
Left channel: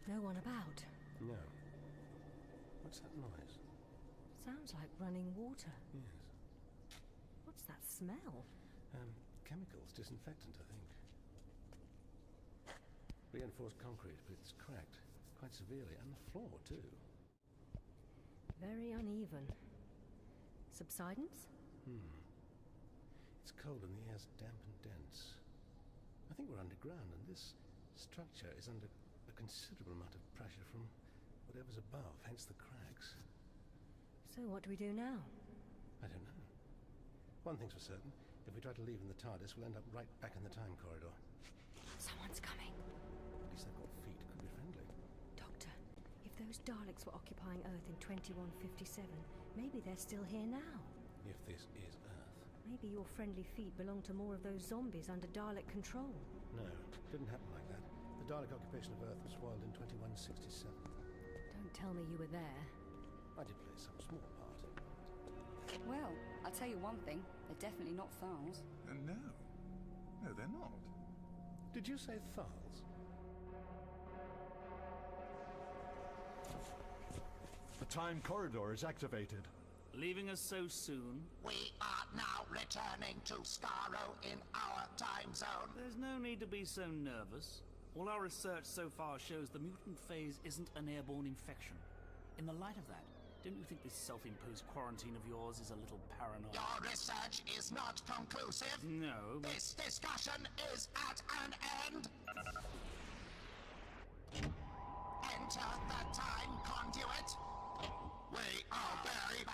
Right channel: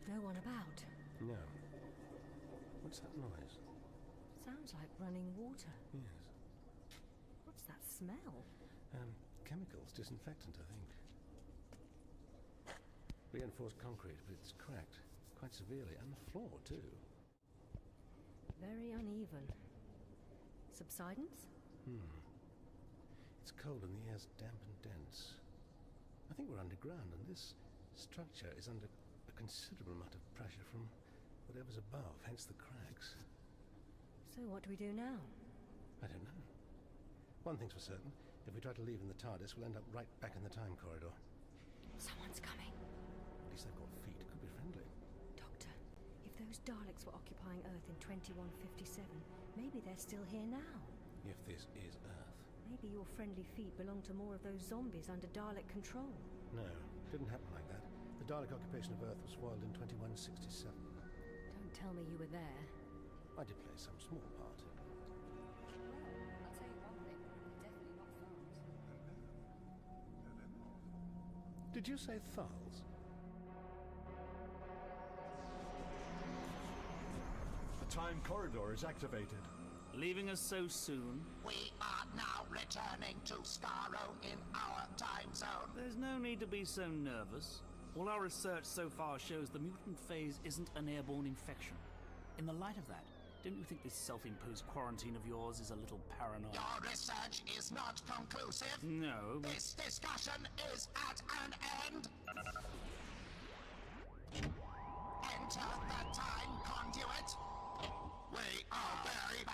No one about. No. What's that noise? Sounds like running water. Yes. What's that smell? Chemicals, disinfectant, I think. Reinforced concrete, but it's cracked quite severely, and the floor too. Very uneven. Subsidence? It's cold and the air's damp and dense. I think we're underground, and this structure is under a considerable amount of pressure from whatever's above, hence the cracks. So what do we do now? I don't know. One thing's for certain, if we try to leave in the TARDIS, we'll end up right back in the time corridor. Someone's coming. At least they've got feet, could be friendly. Doctor, if those Daleks were occupying Earth in 2157, maybe they're still here now. If this is Earth. Maybe your friendly feet belong to more of those zombies under Dalek control. No, didn't happen like that. The Dalek occupation of Earth was foiled in 2167. Don't tell me you were there. I did play some small part. Well, I'll tell you one thing. They're definitely not Thals. No. No, they're not. Did you say Thals? The time corridor is activated. Leaving us so soon? We are now returning to Skaro in our time zone. There's no need to be so nervous. All our research so far shows the mutant phase isn't an airborne infection. In the light of that, don't you think this self-imposed quarantine of yours is a little paranoid? Your research is not conclusive. No. This discussion is at an end. Enter the time conduit. We are very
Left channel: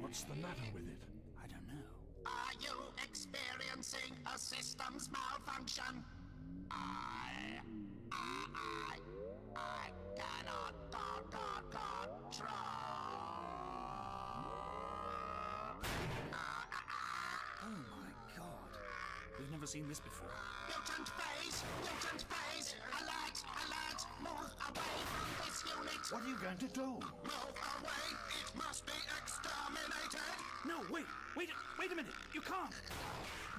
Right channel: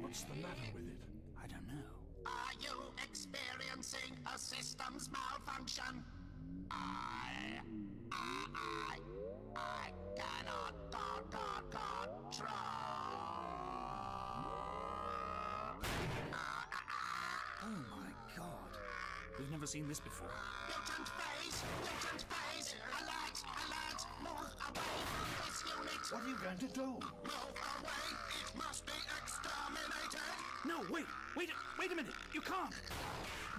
What's the matter with it? I don't know. Are you experiencing a systems malfunction? I've never seen this before. Mutant phase! Mutant phase! Alert! Alert! Move away from this unit! What are you going to do? Move away! It must be exterminated! No, wait a minute! You can't!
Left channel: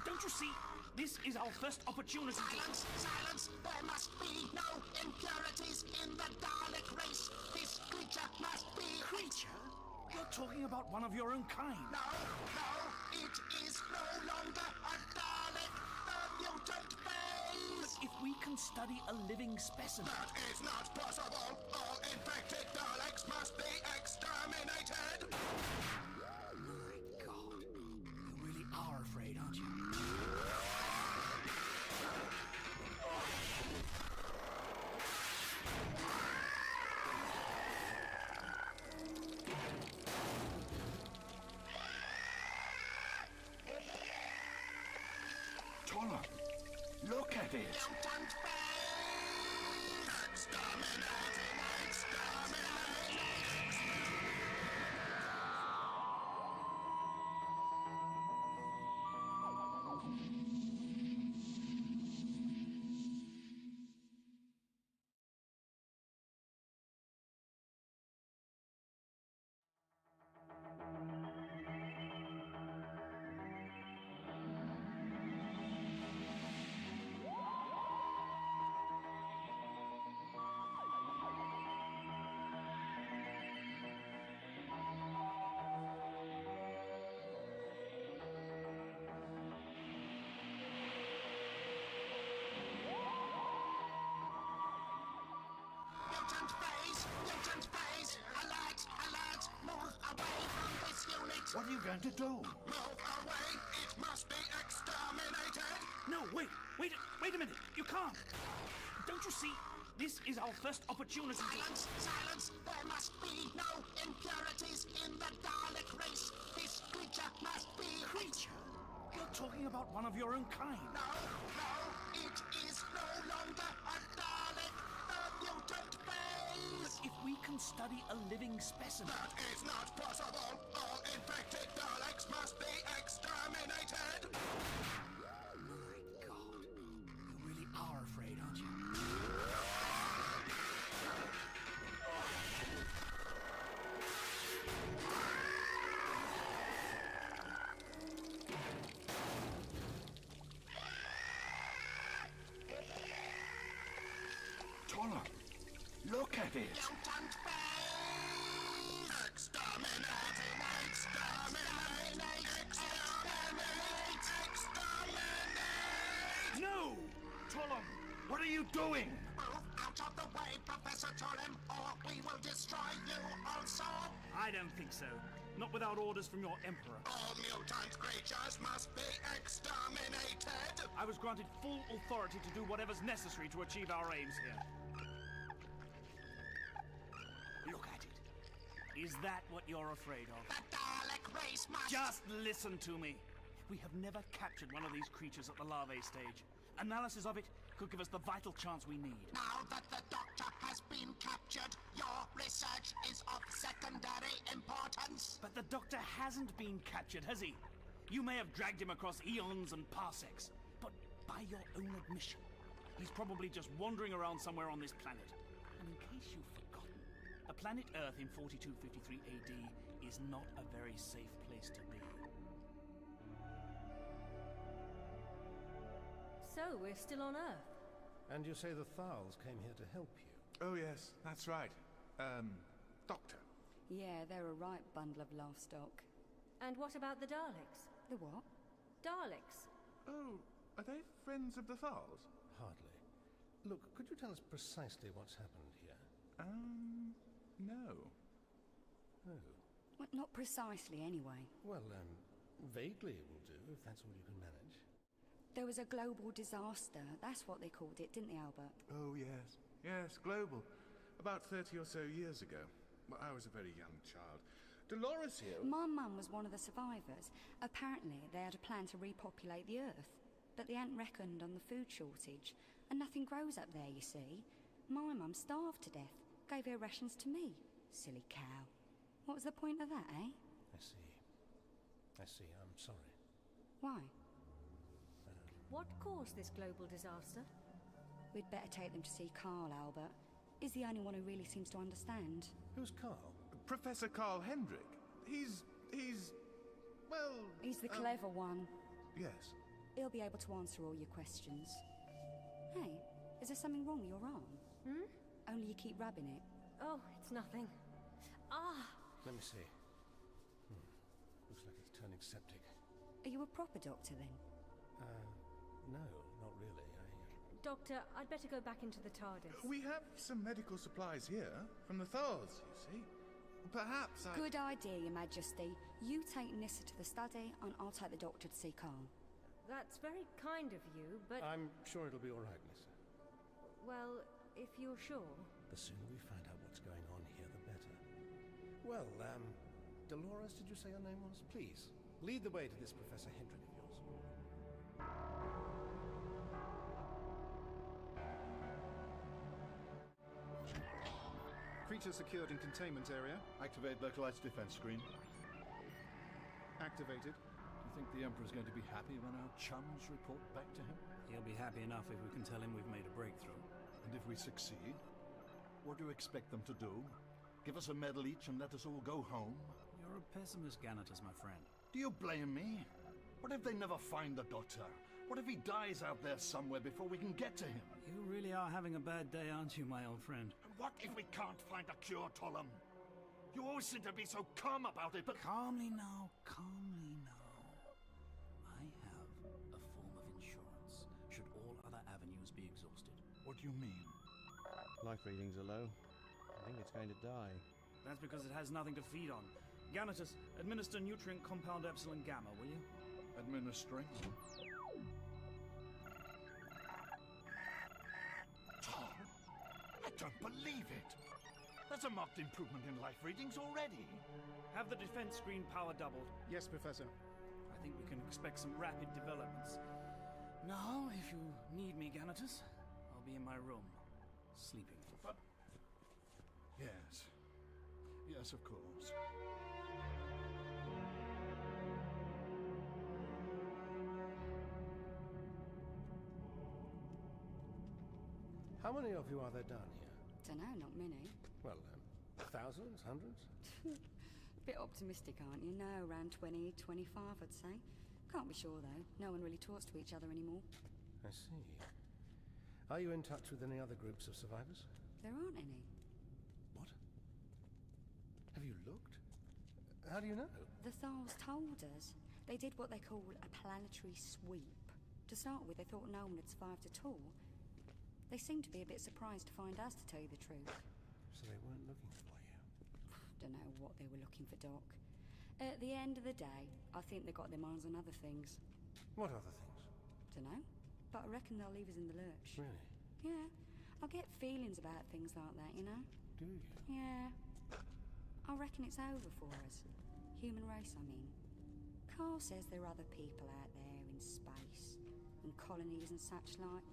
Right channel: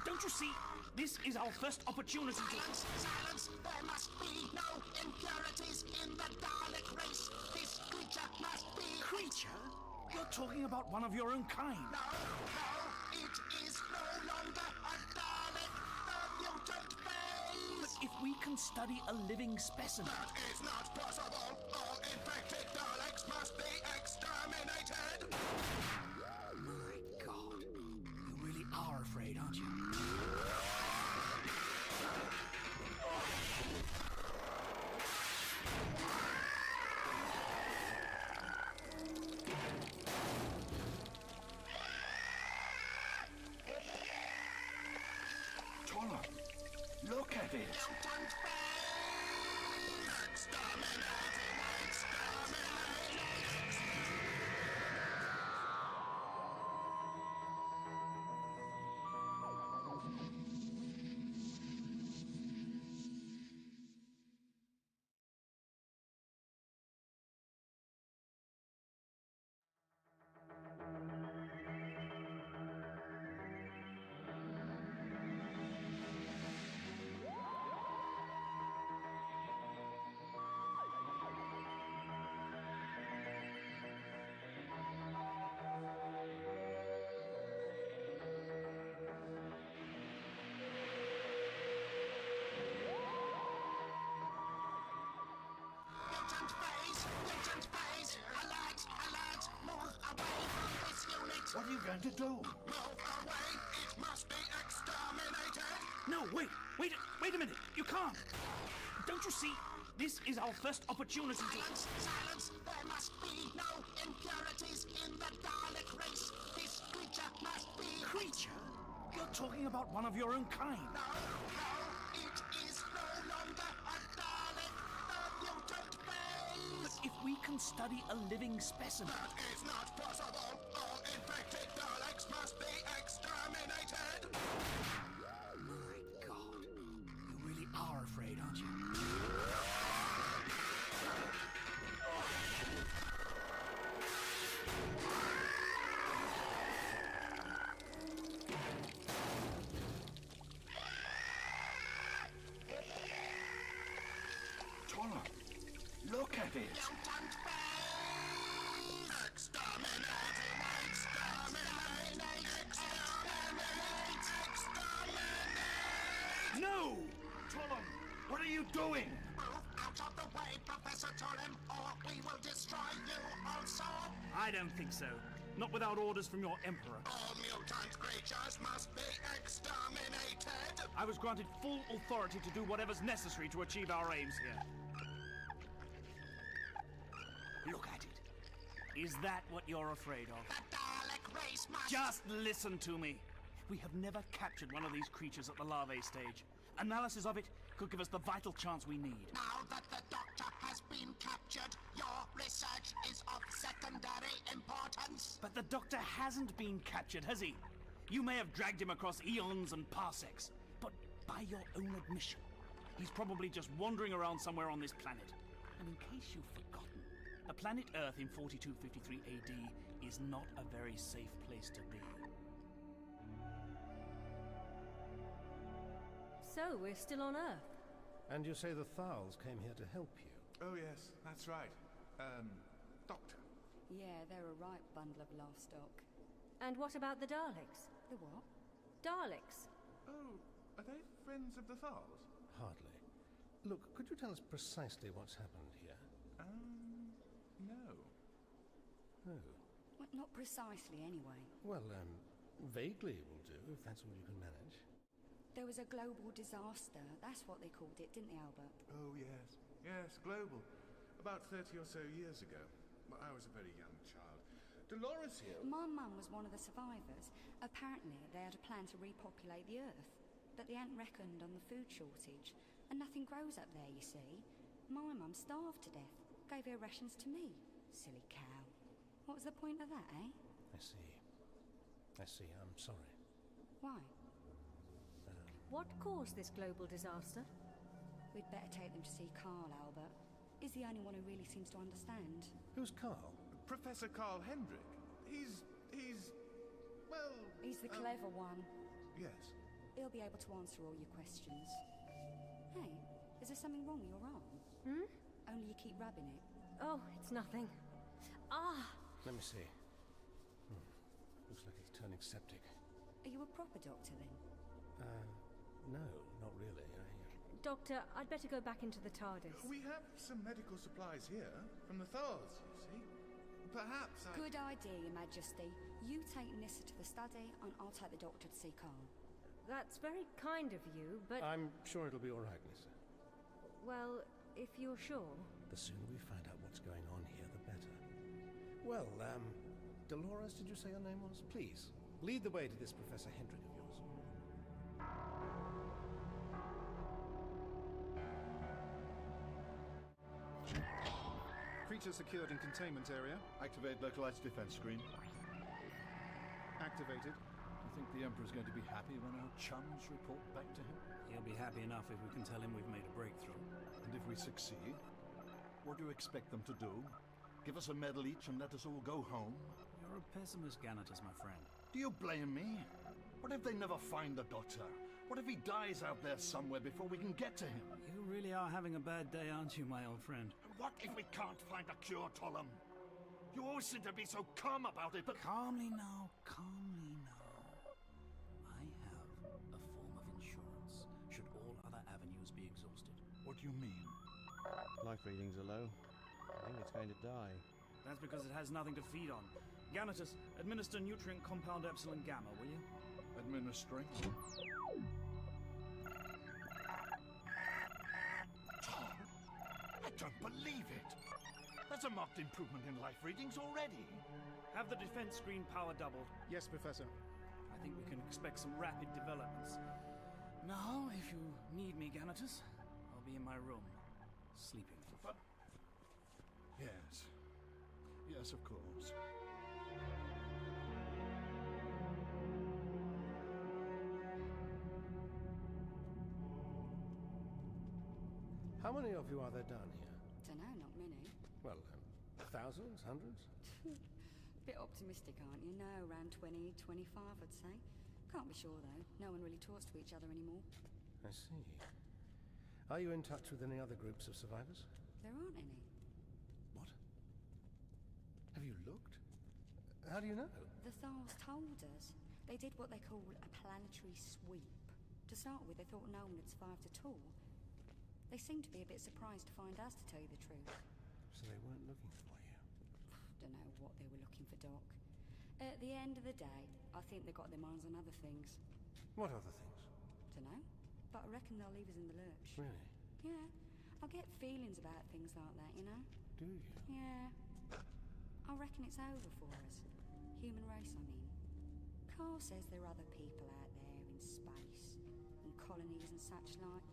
Don't you see? This is our first opportunity Silence! Silence! There must be no impurities in the Dalek race! This creature must be... Creature? You're talking about one of your own kind. No! It is no longer a Dalek! The mutant phase! But if we can study a living specimen... That is not possible! All infected Daleks must be exterminated! My God. You really are afraid, aren't you? Look at it! Mutant phase! Exterminating! Exterminating! Mutant phase! Alert! Alert! Move away from this unit! What are you going to do? Move away! It must be exterminated! No, wait a minute! You can't! Don't you see? This is our first opportunity Silence! Silence! There must be no impurities in the Dalek race! This creature must be... Creature? You're talking about one of your own kind. No! It is no longer a Dalek! The mutant phase! But if we can study a living specimen... That is not possible! All infected Daleks must be exterminated! My God. You really are afraid, aren't you? Look at it! Mutant phase! Exterminating! Exterminate! Exterminate! Exterminate! No! Tullum, what are you doing? Move out of the way, Professor Tullum, or we will destroy you also! I don't think so. Not without orders from your Emperor. All mutant creatures must be exterminated! I was granted full authority to do whatever's necessary to achieve our aims here. Look at it. Is that what you're afraid of? The Dalek race must... Just listen to me. We have never captured one of these creatures at the larvae stage. Analysis of it could give us the vital chance we need. Now that the Doctor has been captured, your research is of secondary importance. But the Doctor hasn't been captured, has he? You may have dragged him across eons and parsecs, but by your own admission, he's probably just wandering around somewhere on this planet. And in case you've forgotten, the planet Earth in 4253 AD is not a very safe place to be. So, we're still on Earth. And you say the Thals came here to help you? Oh, yes, that's right. Doctor. Yeah, they're a right bundle of livestock. And what about the Daleks? The what? Daleks. Oh, are they friends of the Thals? Hardly. Look, could you tell us precisely what's happened here? No. Oh. Well, not precisely, anyway. Well, vaguely will do, if that's all you can manage. There was a global disaster. That's what they called it, didn't they, Albert? Oh, yes. Yes, global. About 30 or so years ago. Well, I was a very young child. Dolores here... My mum was one of the survivors. Apparently, they had a plan to repopulate the Earth. But they hadn't reckoned on the food shortage. And nothing grows up there, you see. My mum starved to death. Gave her rations to me. Silly cow. What was the point of that, eh? I see. I'm sorry. Why? What caused this global disaster? We'd better take them to see Carl, Albert. He's the only one who really seems to understand. Who's Carl? Professor Carl Hendrick. Well... He's the clever one. Yes. He'll be able to answer all your questions. Hey, is there something wrong with your arm? Hmm? Only you keep rubbing it. Oh, it's nothing. Ah! Let me see. Looks like it's turning septic. Are you a proper doctor, then? No, not really. Doctor, I'd better go back into the TARDIS. We have some medical supplies here, from the Thars, you see. Perhaps I... Good idea, Your Majesty. You take Nissa to the study, and I'll take the doctor to see Carl. That's very kind of you, but... I'm sure it'll be all right, Nissa. Well, if you're sure... The sooner we find out what's going on here, the better. Well, Dolores, did you say your name was? Please, lead the way to this Professor Hendrick of yours. Creature secured in containment area. Activate localized defense screen. Activated. Do you think the Emperor's going to be happy when our chums report back to him? He'll be happy enough if we can tell him we've made a breakthrough. And if we succeed, what do you expect them to do? Give us a medal each and let us all go home? You're a pessimist, Ganatus, my friend. Do you blame me? What if they never find the Doctor? What if he dies out there somewhere before we can get to him? You really are having a bad day, aren't you, my old friend? What if we can't find a cure, Tollum? You always seem to be so calm about it, but... Calmly now, calmly now. I have a form of insurance, should all other avenues be exhausted. What do you mean? Life readings are low. I think it's going to die. That's because it has nothing to feed on. Ganatus, administer nutrient compound epsilon gamma, will you? Administering? Tom, I don't believe it. That's a marked improvement in life readings already. Have the defense screen power doubled. Yes, Professor. I think we can expect some rapid developments. Now, if you need me, Ganatus, I'll be in my room, sleeping. But... Yes. Yes, of course. How many of you are there down here? Dunno, not many. Well, thousands, hundreds? Bit optimistic, aren't you? No, around 20, 25, I'd say. Can't be sure, though. No one really talks to each other anymore. I see. Are you in touch with any other groups of survivors? There aren't any. What? Have you looked? How do you know? The Thals told us. They did what they call a planetary sweep. To start with, they thought no one had survived at all. They seemed to be a bit surprised to find us, to tell you the truth. So they weren't looking for you? Don't know what they were looking for, Doc. At the end of the day, I think they got their minds on other things. What other things? Dunno, but I reckon they'll leave us in the lurch. Really? Yeah, I get feelings about things like that, you know? Do you? Yeah. I reckon it's over for us. Human race, I mean. Carl says there are other people out there in space, and colonies and such like.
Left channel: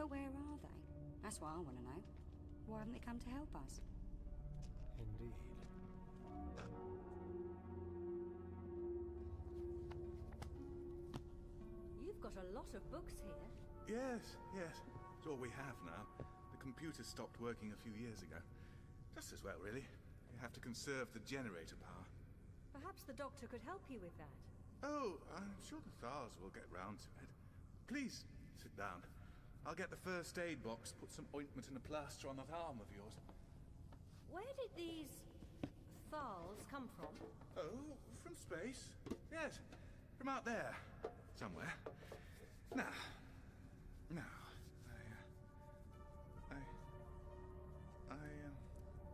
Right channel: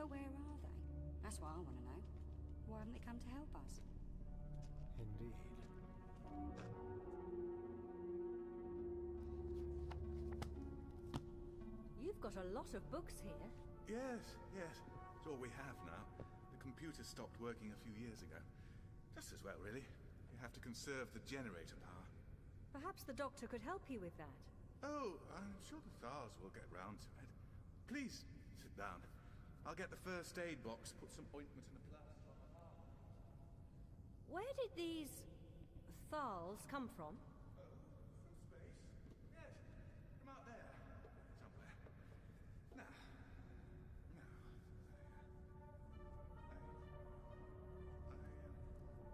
But where are they? That's what I want to know. Why haven't they come to help us? Indeed. You've got a lot of books here. Yes. It's all we have now. The computer stopped working a few years ago. Just as well, really. You have to conserve the generator power. Perhaps the doctor could help you with that. Oh, I'm sure the Thars will get round to it. Please, sit down. I'll get the first aid box, put some ointment and a plaster on that arm of yours. Where did these Thals come from? Oh, from space. Yes, from out there. Somewhere. Now.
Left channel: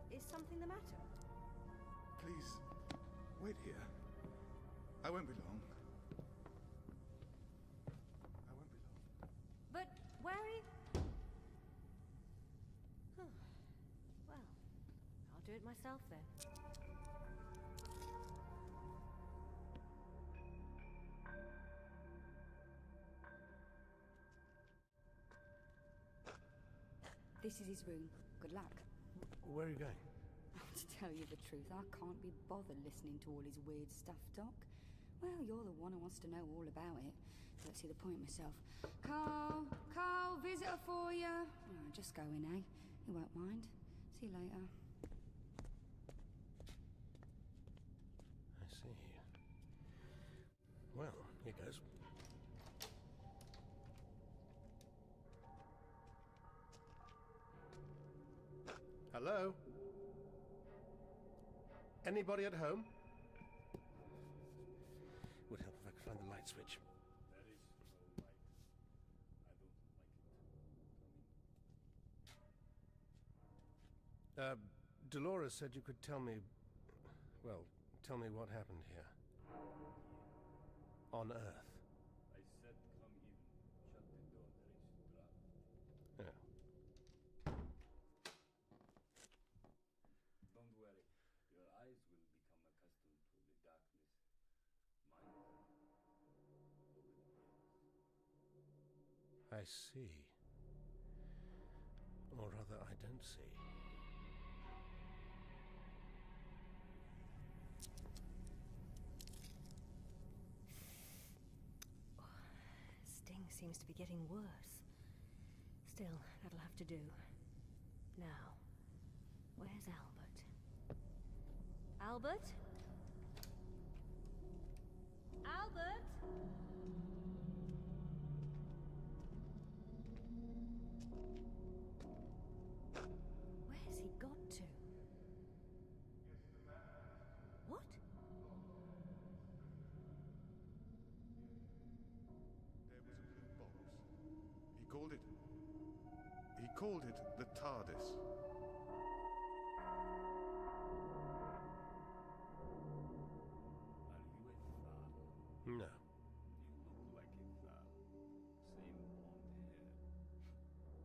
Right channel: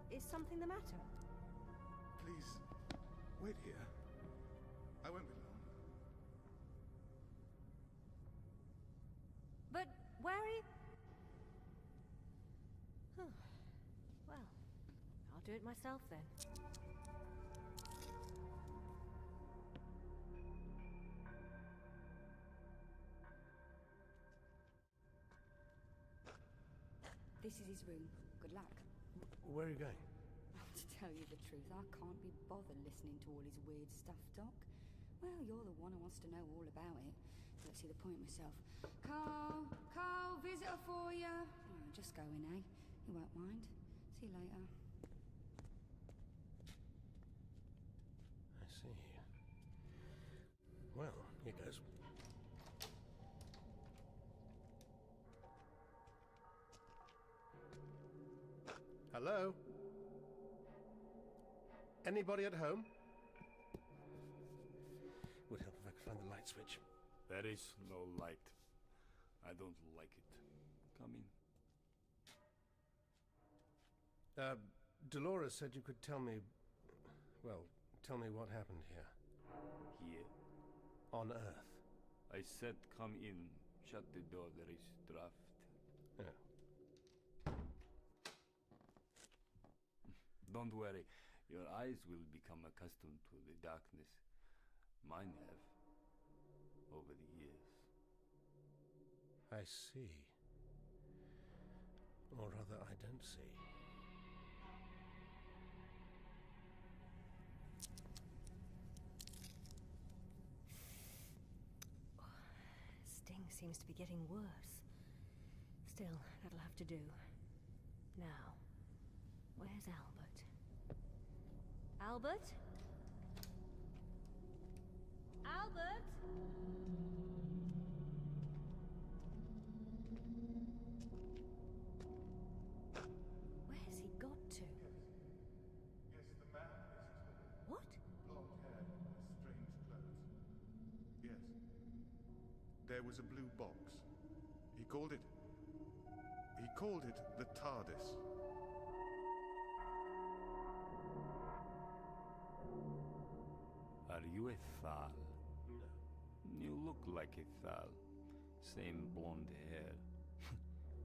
Is something the matter? Please, wait here. I won't be long. But where are you? Well, I'll do it myself then. This is his room. Good luck. Where are you going? To tell you the truth, I can't be bothered listening to all his weird stuff, Doc. Well, you're the one who wants to know all about it. Don't see the point myself. Carl, visitor for you. Oh, just go in, eh? He won't mind. See you later. I see. Well, here goes. Hello? Anybody at home? Would help if I could find the light switch. There is no light. I don't like it. Come in. Dolores said you could tell me... Well, tell me what happened here. Here? On Earth. I said come in. Shut the door. There is draft. Yeah. Don't worry. Your eyes will become accustomed to the darkness. Mine have. Over the years. I see. Or rather, I don't see. Sting seems to be getting worse. Still, that'll have to do. Now, where's Albert? Albert? Albert? Where's he got to? What? Yes. There was a blue box. He called it the TARDIS. Are you a Thal? No. You look like a Thal. Same blonde hair.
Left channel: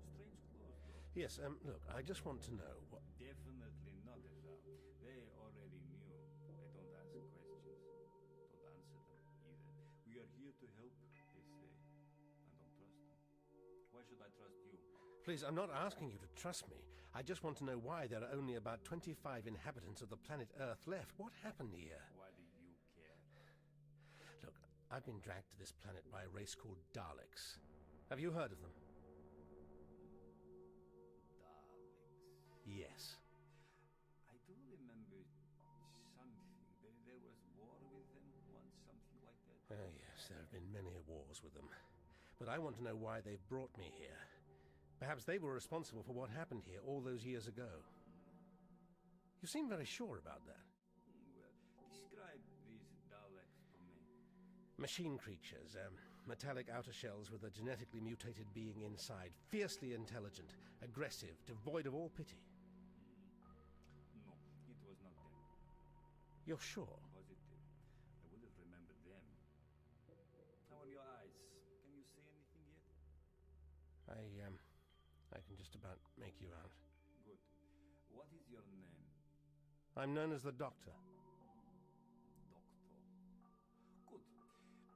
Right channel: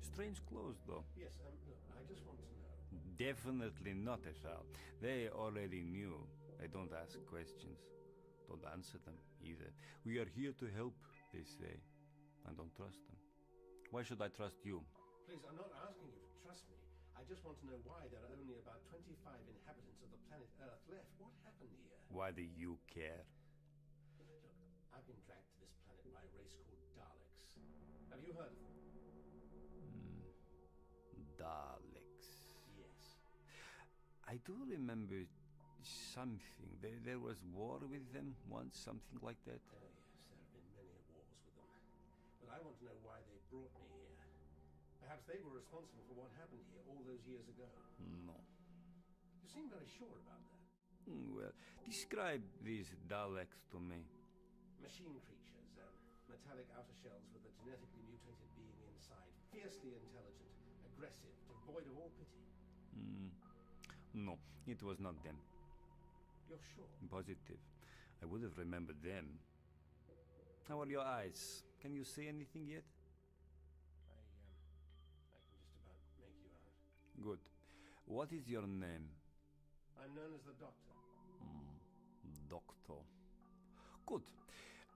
Strange clothes, though. Yes, look, I just want to know what... Definitely not a Thal. They already knew. I don't ask questions. Don't answer them, either. We are here to help, they say. I don't trust them. Why should I trust you? Please, I'm not asking you to trust me. I just want to know why there are only about 25 inhabitants of the planet Earth left. What happened here? Why do you care? Look, I've been dragged to this planet by a race called Daleks. Have you heard of them? Daleks. Yes. I do remember something. There was war with them once, something like that. Oh, yes, there have been many wars with them. But I want to know why they brought me here. Perhaps they were responsible for what happened here all those years ago. No. You seem very sure about that. Well, describe these Daleks to me. Machine creatures, metallic outer shells with a genetically mutated being inside. Fiercely intelligent, aggressive, devoid of all pity. No, it was not them. You're sure? Positive. I would have remembered them. How are your eyes? Can you see anything yet? I can just about make you out. Good. What is your name? I'm known as the Doctor. Doctor. Good.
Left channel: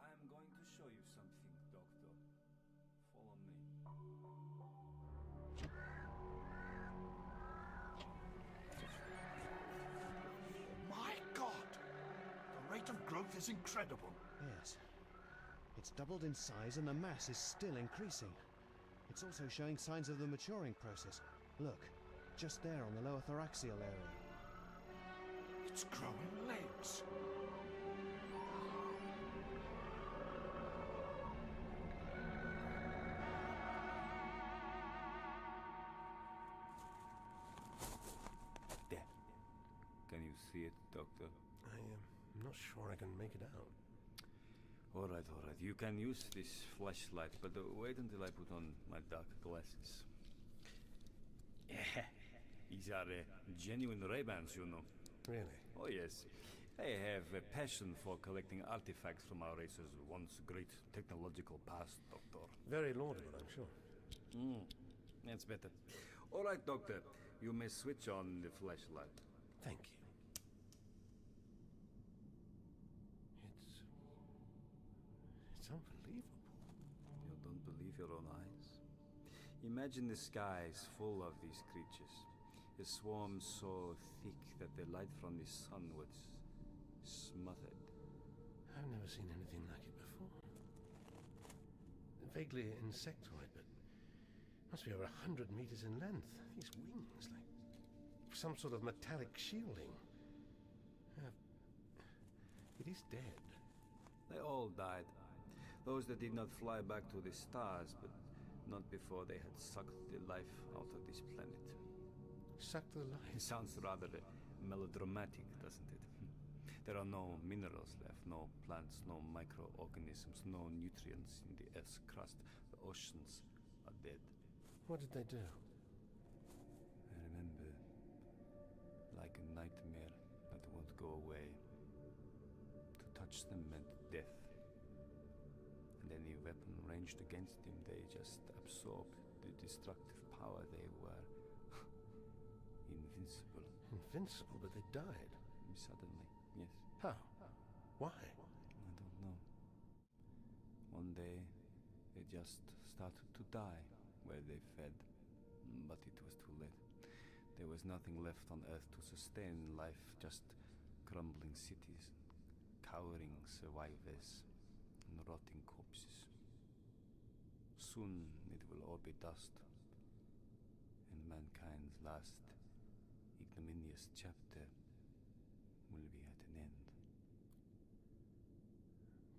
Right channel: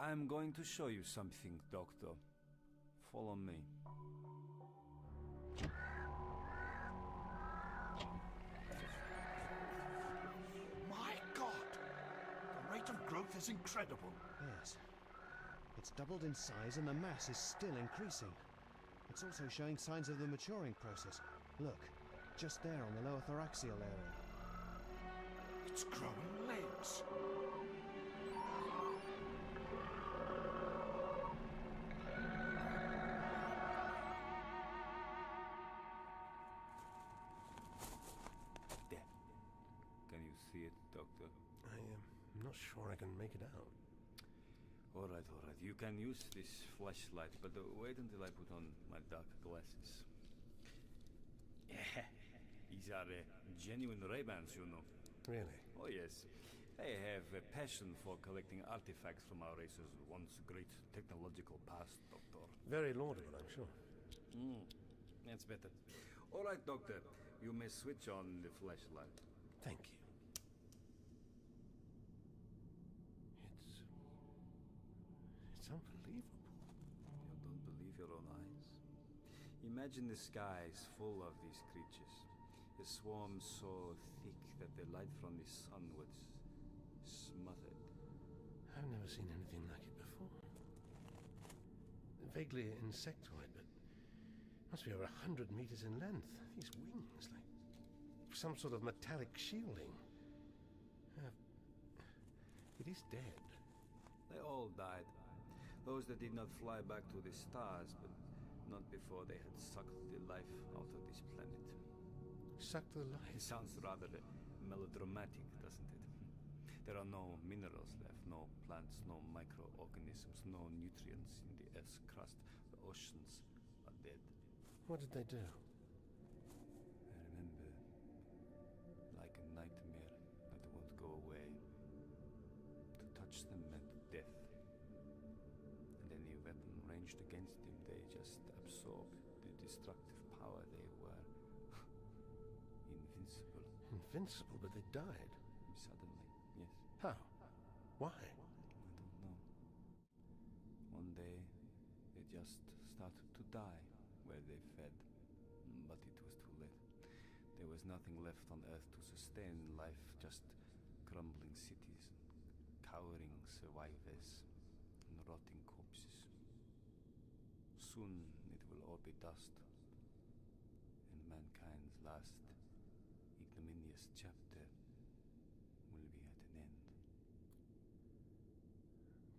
I'm going to show you something, Doctor. Follow me. My God! The rate of growth is incredible. Yes. It's doubled in size and the mass is still increasing. It's also showing signs of the maturing process. Look, just there on the lower thoracial area. It's growing legs. There. Can you see it, Doctor? I'm not sure I can make it out. All right. You can use this flashlight, but wait until I put on my dark glasses. Yeah, these are genuine Ray-Bans, you know. Really? Oh, yes. I have a passion for collecting artifacts from our race's once great technological past, Doctor. Very laudable, I'm sure. That's better. All right, Doctor. You may switch on the flashlight. Thank you. It's unbelievable. You don't believe your own eyes? Imagine the skies full of these creatures. A swarm so thick that the light from the sun would smother it. I've never seen anything like it before. vaguely insectoid, but must be over 100 meters in length. These wings, like some sort of metallic shielding. It is dead. They all died. Those that did not fly back to the stars, but not before they had sucked the life out of this planet. Sucked the life? It sounds rather melodramatic, doesn't it? There are no minerals left, no plants, no microorganisms, no nutrients in the Earth's crust. The oceans are dead. What did they do? I remember, like a nightmare that won't go away. To touch them meant death. And any weapon ranged against them, they just absorbed the destructive power. They were invincible. Invincible, but they died? Suddenly, yes. How? Why? I don't know. One day, they just started to die where they fed. But it was too late. There was nothing left on Earth to sustain life, just crumbling cities, cowering survivors, and rotting corpses. Soon it will all be dust, and mankind's last ignominious chapter will be at an end.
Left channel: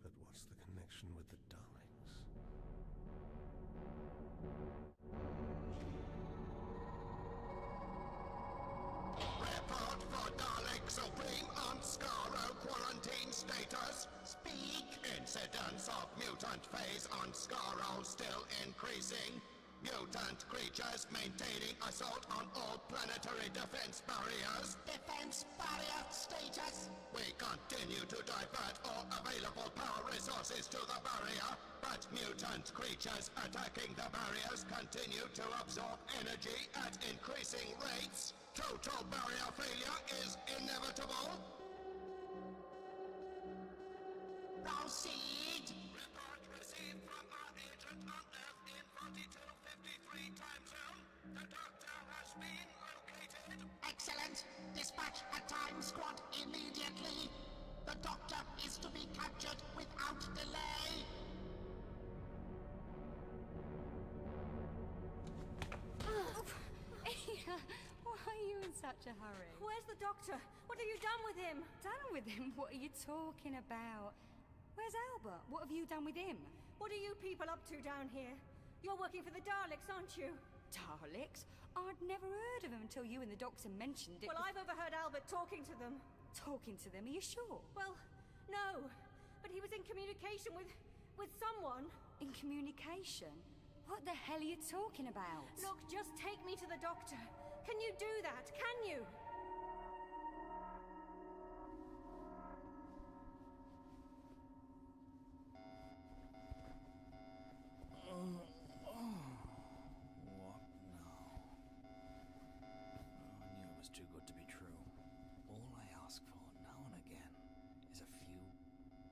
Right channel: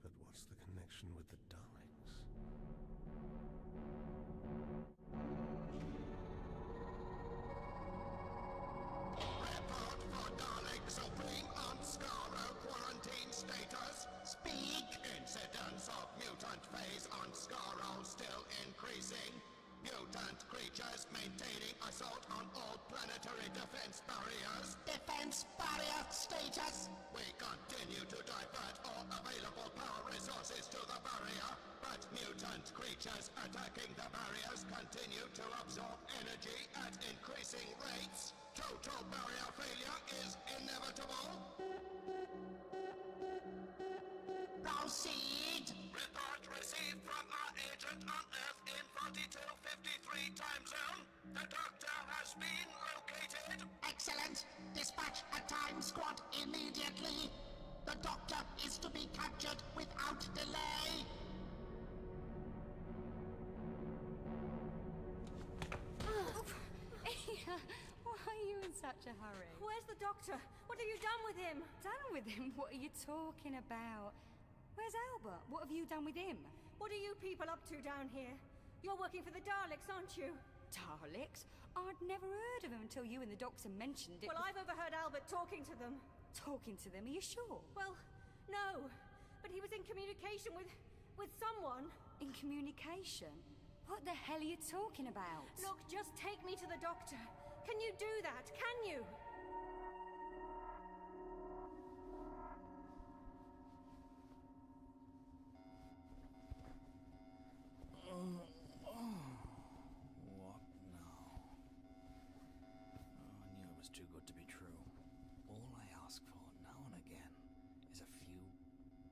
But what's the connection with the Daleks? Report for Dalek Supreme on Skaro quarantine status. Speak! Incidence of mutant phase on Skaro still increasing. Mutant creatures maintaining assault on all planetary defense barriers. Defense barrier status! We continue to divert all available power resources to the barrier, but mutant creatures attacking the barriers continue to absorb energy at increasing rates. Total barrier failure is inevitable. Proceed! Report received from our agent on Earth in 4253 time zone. The Doctor has been located. Excellent. Dispatch a time squad immediately. The Doctor is to be captured without delay. Why are you in such a hurry? Where's the Doctor? What have you done with him? Done with him? What are you talking about? Where's Albert? What have you done with him? What are you people up to down here? You're working for the Daleks, aren't you? Daleks? I'd never heard of them until you and the Doctor mentioned it. Well, I've overheard Albert talking to them. Talking to them? Are you sure? Well, no. But he was in communication with someone. In communication? What the hell are you talking about? Look, just take me to the Doctor. Can you do that? Can you? What now? I knew it was too good to be true. All I ask for now and again is a few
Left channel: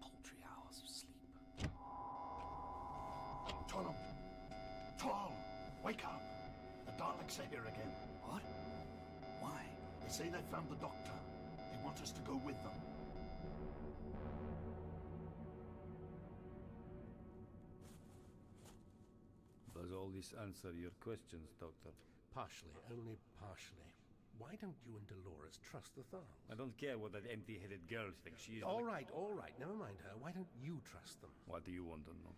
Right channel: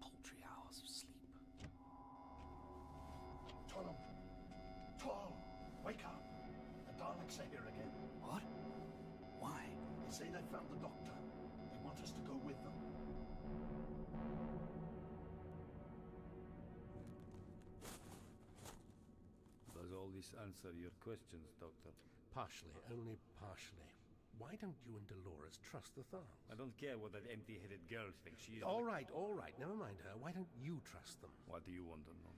paltry hours of sleep. Tom! Tom! Wake up! The Daleks are here again. What? Why? They say they found the Doctor. They want us to go with them. Does all this answer your questions, Doctor? Partially, only partially. Why don't you and Dolores trust the Thals? I don't care what that empty-headed girl thinks. She is... All right, never mind her. Why don't you trust them? What do you want to know?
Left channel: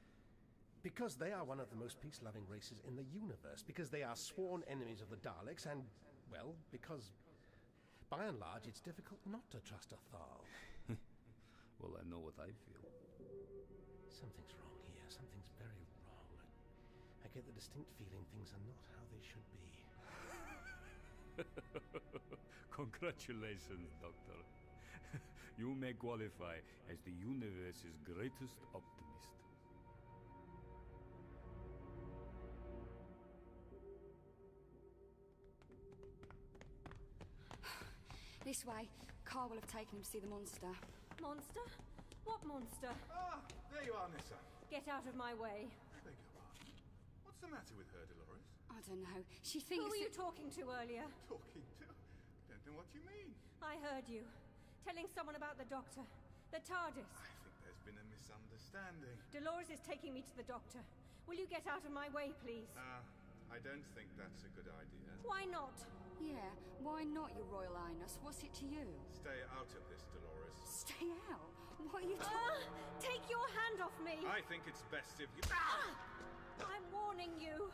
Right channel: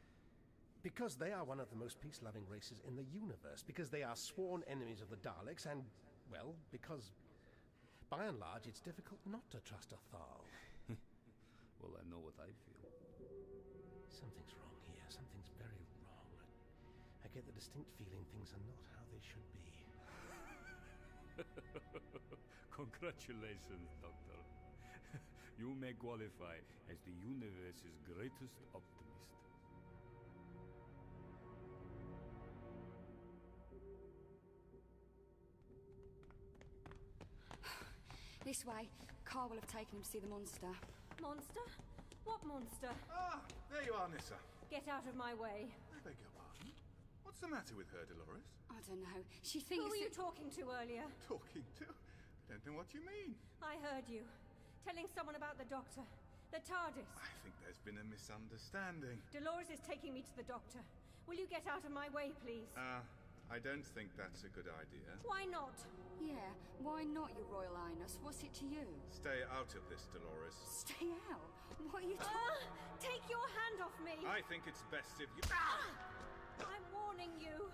Because they are one of the most peace-loving races in the universe. Because they are sworn enemies of the Daleks, and, well, because, by and large, it's difficult not to trust a Thal. Well, I know what I feel. Something's wrong here. Something's very wrong. I get the distinct feeling things are not how they should be. Congratulations, Doctor. You may qualify as the universe's greatest optimist. This way. Carl will have taken him to see the monster. Monster? What monster? Ah, there you are, Nissa. Get out of my way. I beg your pardon? What's the matter with her, Dolores? I don't know. She thinks Who were you talking to earlier? Talking to? I don't know what you mean. I heard you. Telling someone about the Doctor. The TARDIS. I think there's been a misunderstanding. Dolores is taking me to the Doctor. Will you get out of my way, please? I don't think that's a good idea. Why not? Yeah, why not, Your Royal Highness? What's it to you? Stay out of this, Dolores. Stay out? What are you talking... Take your hand off me! I think it's best if you... I'm warning you.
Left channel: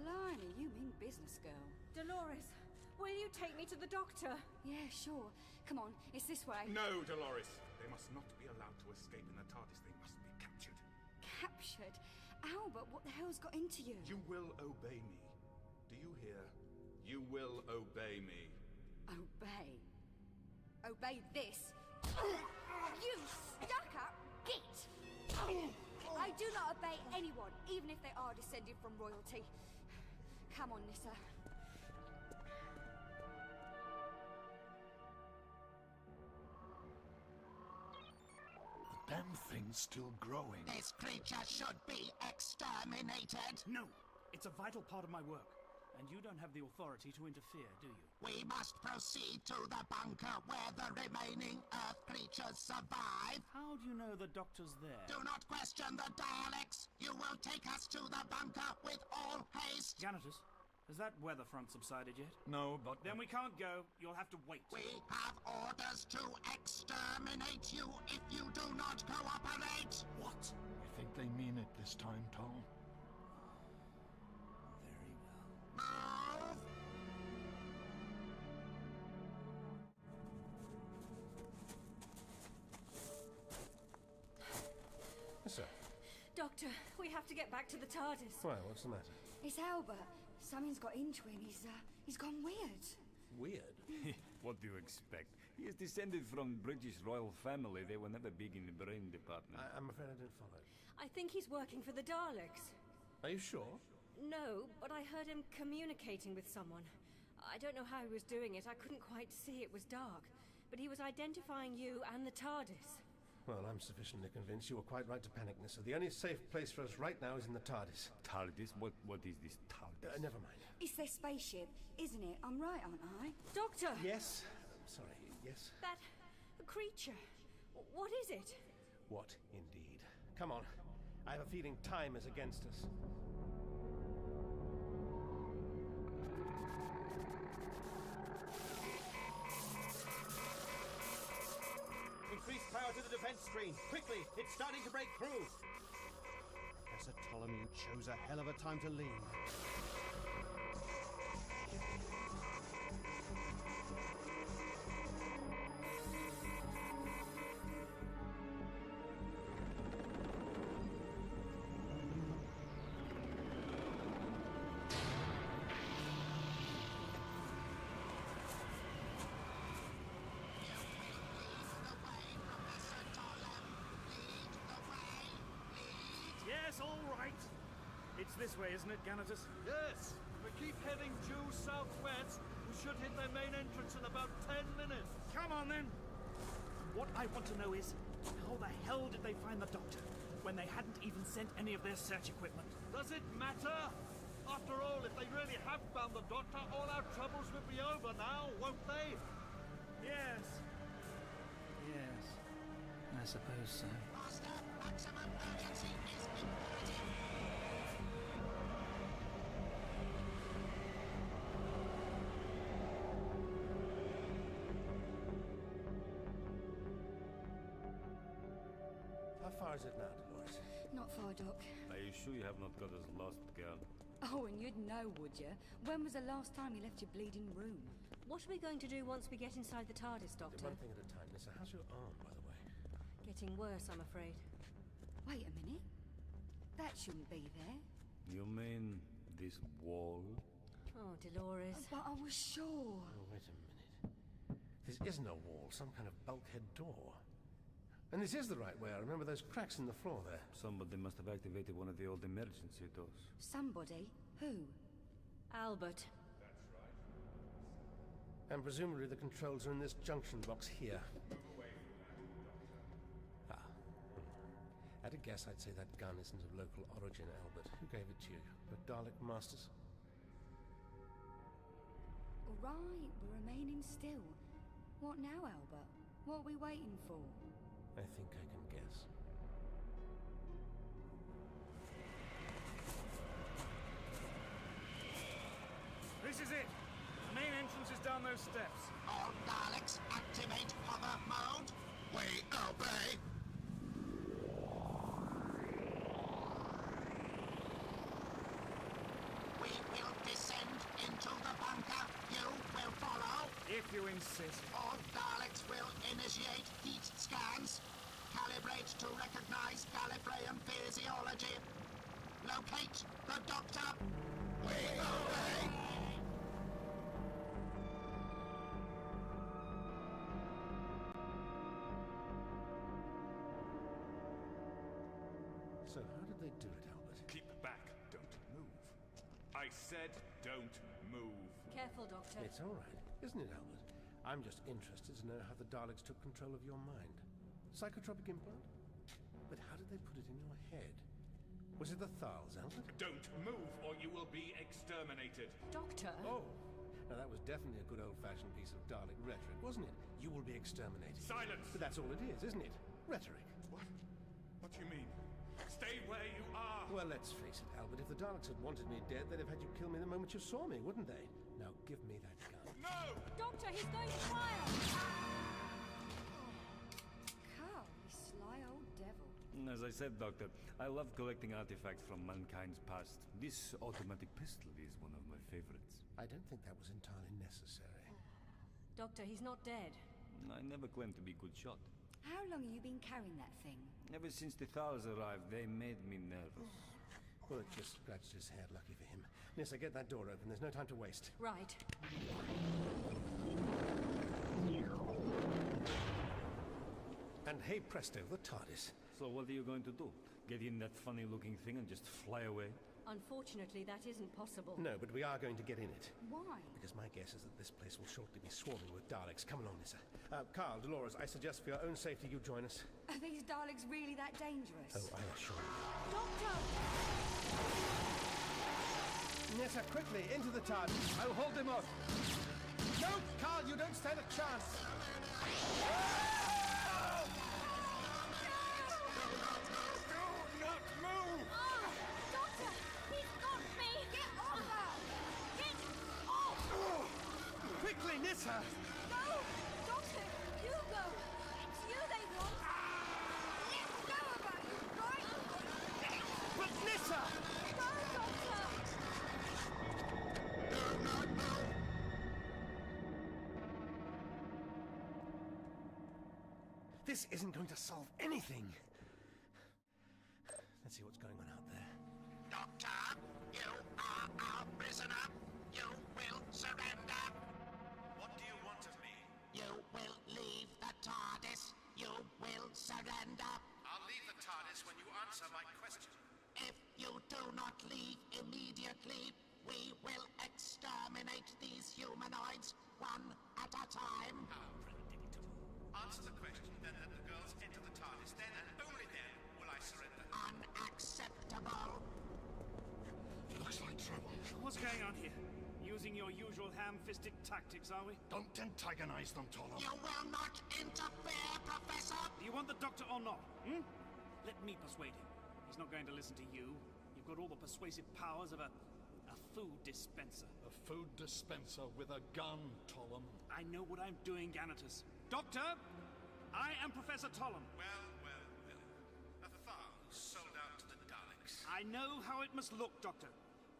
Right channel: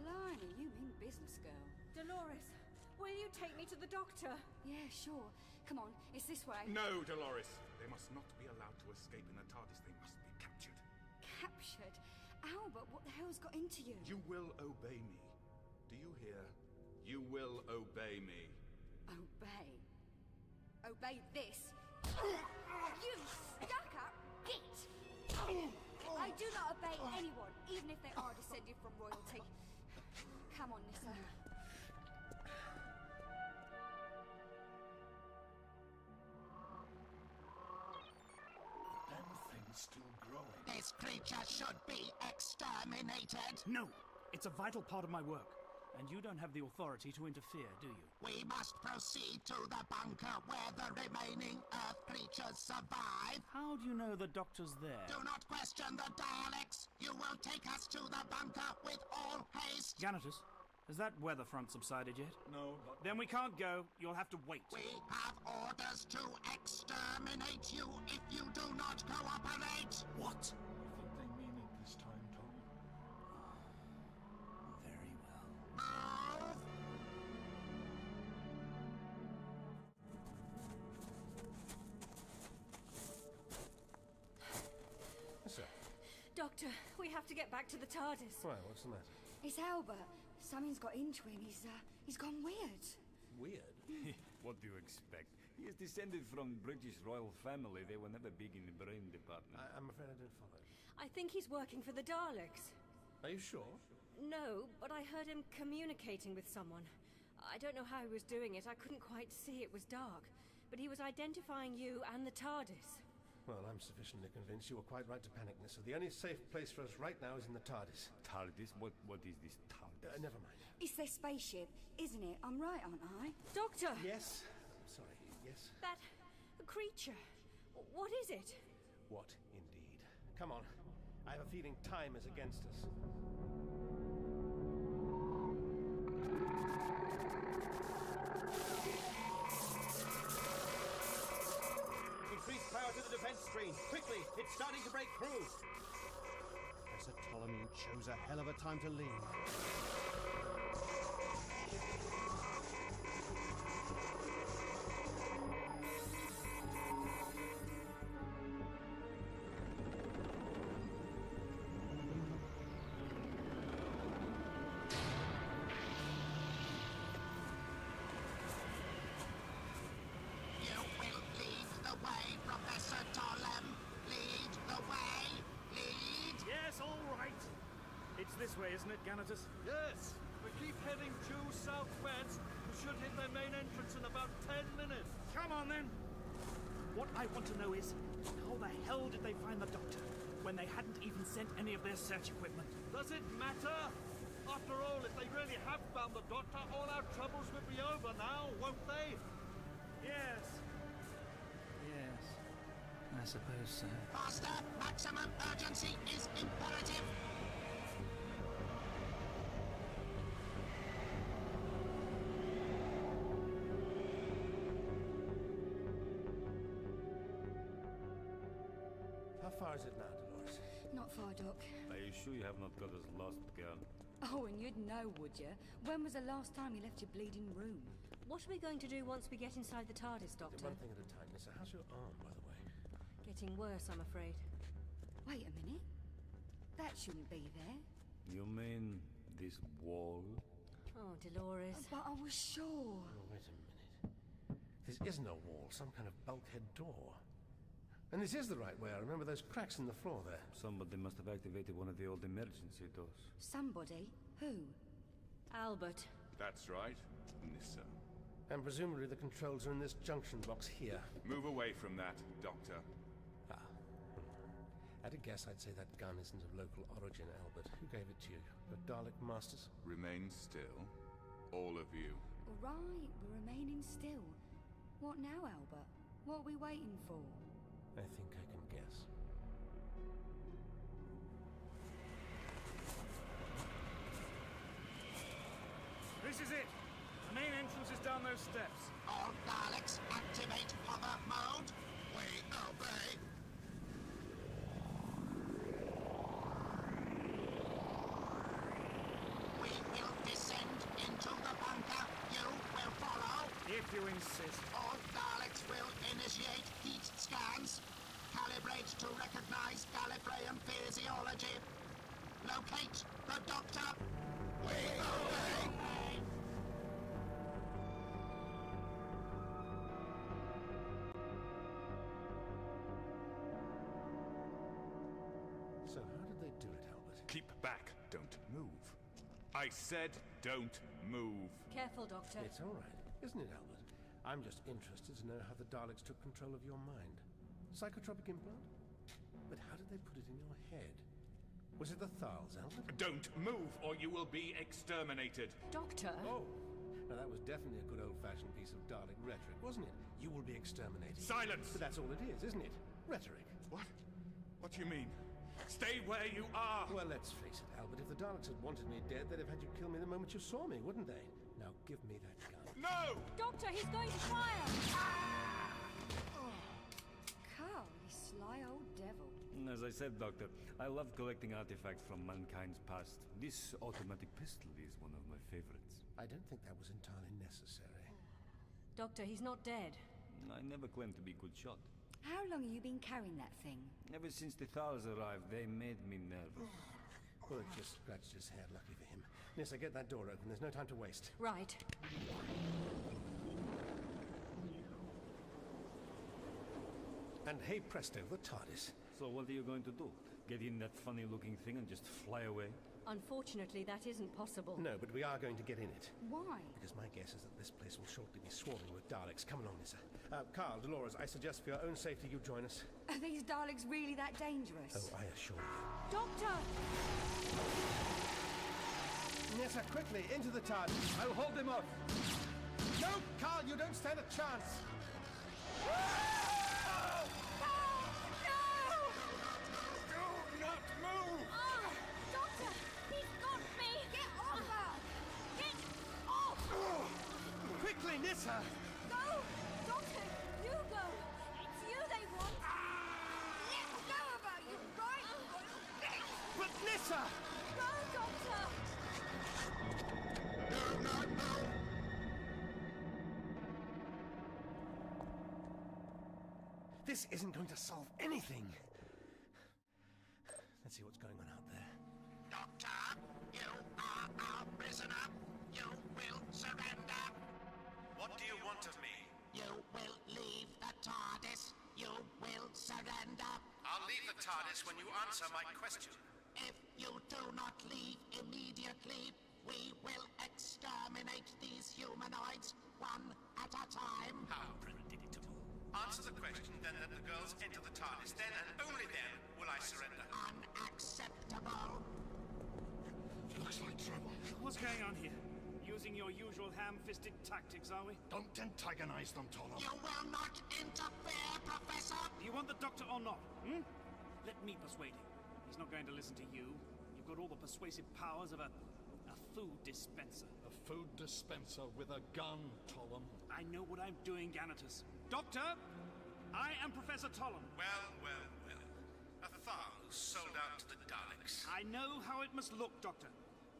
Blimey, you mean business, girl. Dolores, will you take me to the doctor? Yeah, sure. Come on, it's this way. No, Dolores. They must not be allowed to escape in the TARDIS. They must be captured. Captured? Albert, what the hell's got into you? You will obey me. Do you hear? You will obey me. Obey? Obey this? You stuck-up git! I do not obey anyone, even if they are descended from royalty. Come on, Nissa. The damn thing's still growing. This creature should be exterminated. No! It's a vital part of my work. And you don't have the authority to interfere, do you? We must proceed to the bunker where the remaining Earth creatures survive. How do you know the doctor's there? Do not question the Daleks. You will take us to the bunker with all haste. Janitus, has that weather front subsided yet? No, but... Then we can't go. You'll have to wait. We have orders to exterminate you if you do not cooperate. What? You think they mean it this time, Tom? Very well. Move! Yes, sir. Doctor, we have to get back to the TARDIS. Why, what's the matter? It's Albert. Something's got into him. He's gone weird. Weird? What do you expect? He is descended from British royal family. They were never big in the brain department. I'm afraid I didn't follow. I think he's working for the Daleks. Are you sure? No, but I heard him communicating with someone. I don't know how he was doing it. I couldn't quite see. It was dark. But he was identifying you and the TARDIS. Well, I'm sufficiently convinced you were quite right to panic, Nissa. The only safe place for us right now is in the TARDIS. TARDIS? What is this TARDIS? Never mind. It's their spaceship, isn't it? I'm right, aren't I? Doctor! Yes? I'm sorry, yes? That creature. What is it? What, indeed? Come on. I have a feeling time is against us. Increase power to the defense screen. Quickly, it's starting to break through. Professor Ptolemy chose a hell of a time to leave. This way, isn't it, Ganatus? Yes! We keep heading due southwest. We should hit their main entrance in about 10 minutes. Come on, then! What I want to know is, how the hell did they find the Doctor when they hadn't even sent any of their search equipment? Does it matter? After all, if they really have found the Doctor, all our troubles will be over now, won't they? Yes. Yes. I suppose so. Master, maximum urgency is imperative. How far is it now, Dolores? Not far, Doc. Are you sure you have not got us lost, girl? Oh, and you'd know, would you? When was the last time you left your bleeding room? What are we going to do once we get inside the TARDIS, Doctor? One thing at a time, Nissa. How's your arm, by the way? Getting worse, I'm afraid. Wait a minute. That shouldn't be there. You mean this wall? Oh, Dolores. But I was sure. Oh, wait a minute. This isn't a wall, some kind of bulkhead door. And this is the right way. I remember those cracks in the floor there. Somebody must have activated one of the old emergency doors. Somebody? Who? Albert. That's right, Nissa. And presumably the controls are in this junction box here. Move away from that, Doctor. At a guess, I'd say that gun isn't of local origin, Albert. Who gave it to you? The Dalek Masters? Remain still. All of you. Right, we're remaining still. What now, Albert? What are we waiting for? I think I can guess. This is it. The main entrance is down those steps. All Daleks, activate hover mode. We obey. We will descend into the bunker. You will follow. If you insist. All Daleks will initiate heat scans. Calibrate to recognize Gallifreyan physiology. Locate the Doctor. We obey. So how did they do it, Albert? Keep back. Don't move. I said don't move. Careful, Doctor. It's all right, isn't it, Albert? I'm just interested to know how the Daleks took control of your mind. Psychotropic implant? But how did they put it in your head? Was it the Thals, Albert? Don't move or you will be exterminated. Doctor? Oh, now that was definitely a good old-fashioned piece of Dalek rhetoric, wasn't it? You will be exterminated. Silence! But that's all it is, isn't it? Rhetoric. What? What do you mean? Stay where you are! Well, let's face it, Albert. If the Daleks had wanted me dead, they'd have had you kill me the moment you saw me, wouldn't they? Now give me that gun. No! Doctor, he's going to fire! Carl, you sly old devil. As I said, Doctor, I love collecting artifacts from mankind's past. This automatic pistol is one of my favorites. I don't think that was entirely necessary. Doctor, he's not dead. I never claimed to be a good shot. How long have you been carrying that thing? Ever since the Thals arrived, they made me nervous. Well, it just scratched his head, lucky for him. Nissa, get that door open. There's no time to waste. Right. And hey presto, the TARDIS. So what are you going to do? Get in that funny-looking thing and just fly away? Unfortunately, that isn't possible. No, but we are going to get in it. Why? Because my guess is that this place will shortly be swarming with Daleks. Come along, Nissa. Carl, Dolores, I suggest for your own safety you join us. Are these Daleks really that dangerous? Oh, I assure you. Doctor! Nissa, quickly, into the TARDIS. I'll hold him off. No, Carl, you don't stand a chance. Quickly, Nissa! Go! Doctor, you go! It's you they want! Let go about you, right? But Nissa! Go, Doctor! No! This isn't going to solve anything. Let's see what's going on out there. Doctor, you are our prisoner. You will surrender. What do you want of me? You will leave the TARDIS. You will surrender. I'll leave the TARDIS when you answer my question. If you do not leave immediately, we will exterminate these humanoids one at a time. How predictable. Answer the question, then let the girls enter the TARDIS. Then and only then will I surrender. Unacceptable. Looks like trouble. What's going on here? Using your usual ham-fisted tactics, are we? Don't antagonize them, Tollum. You will not interfere, Professor! Do you want the Doctor or not? Let me persuade him. He's not going to listen to you. You've got all the persuasive powers of a food dispenser. A food dispenser with a gun, Tollum. I know what I'm doing, Ganatus. Doctor, I am Professor Tollum. Well. A Thal who sold out to the Daleks. I know how it must look, Doctor.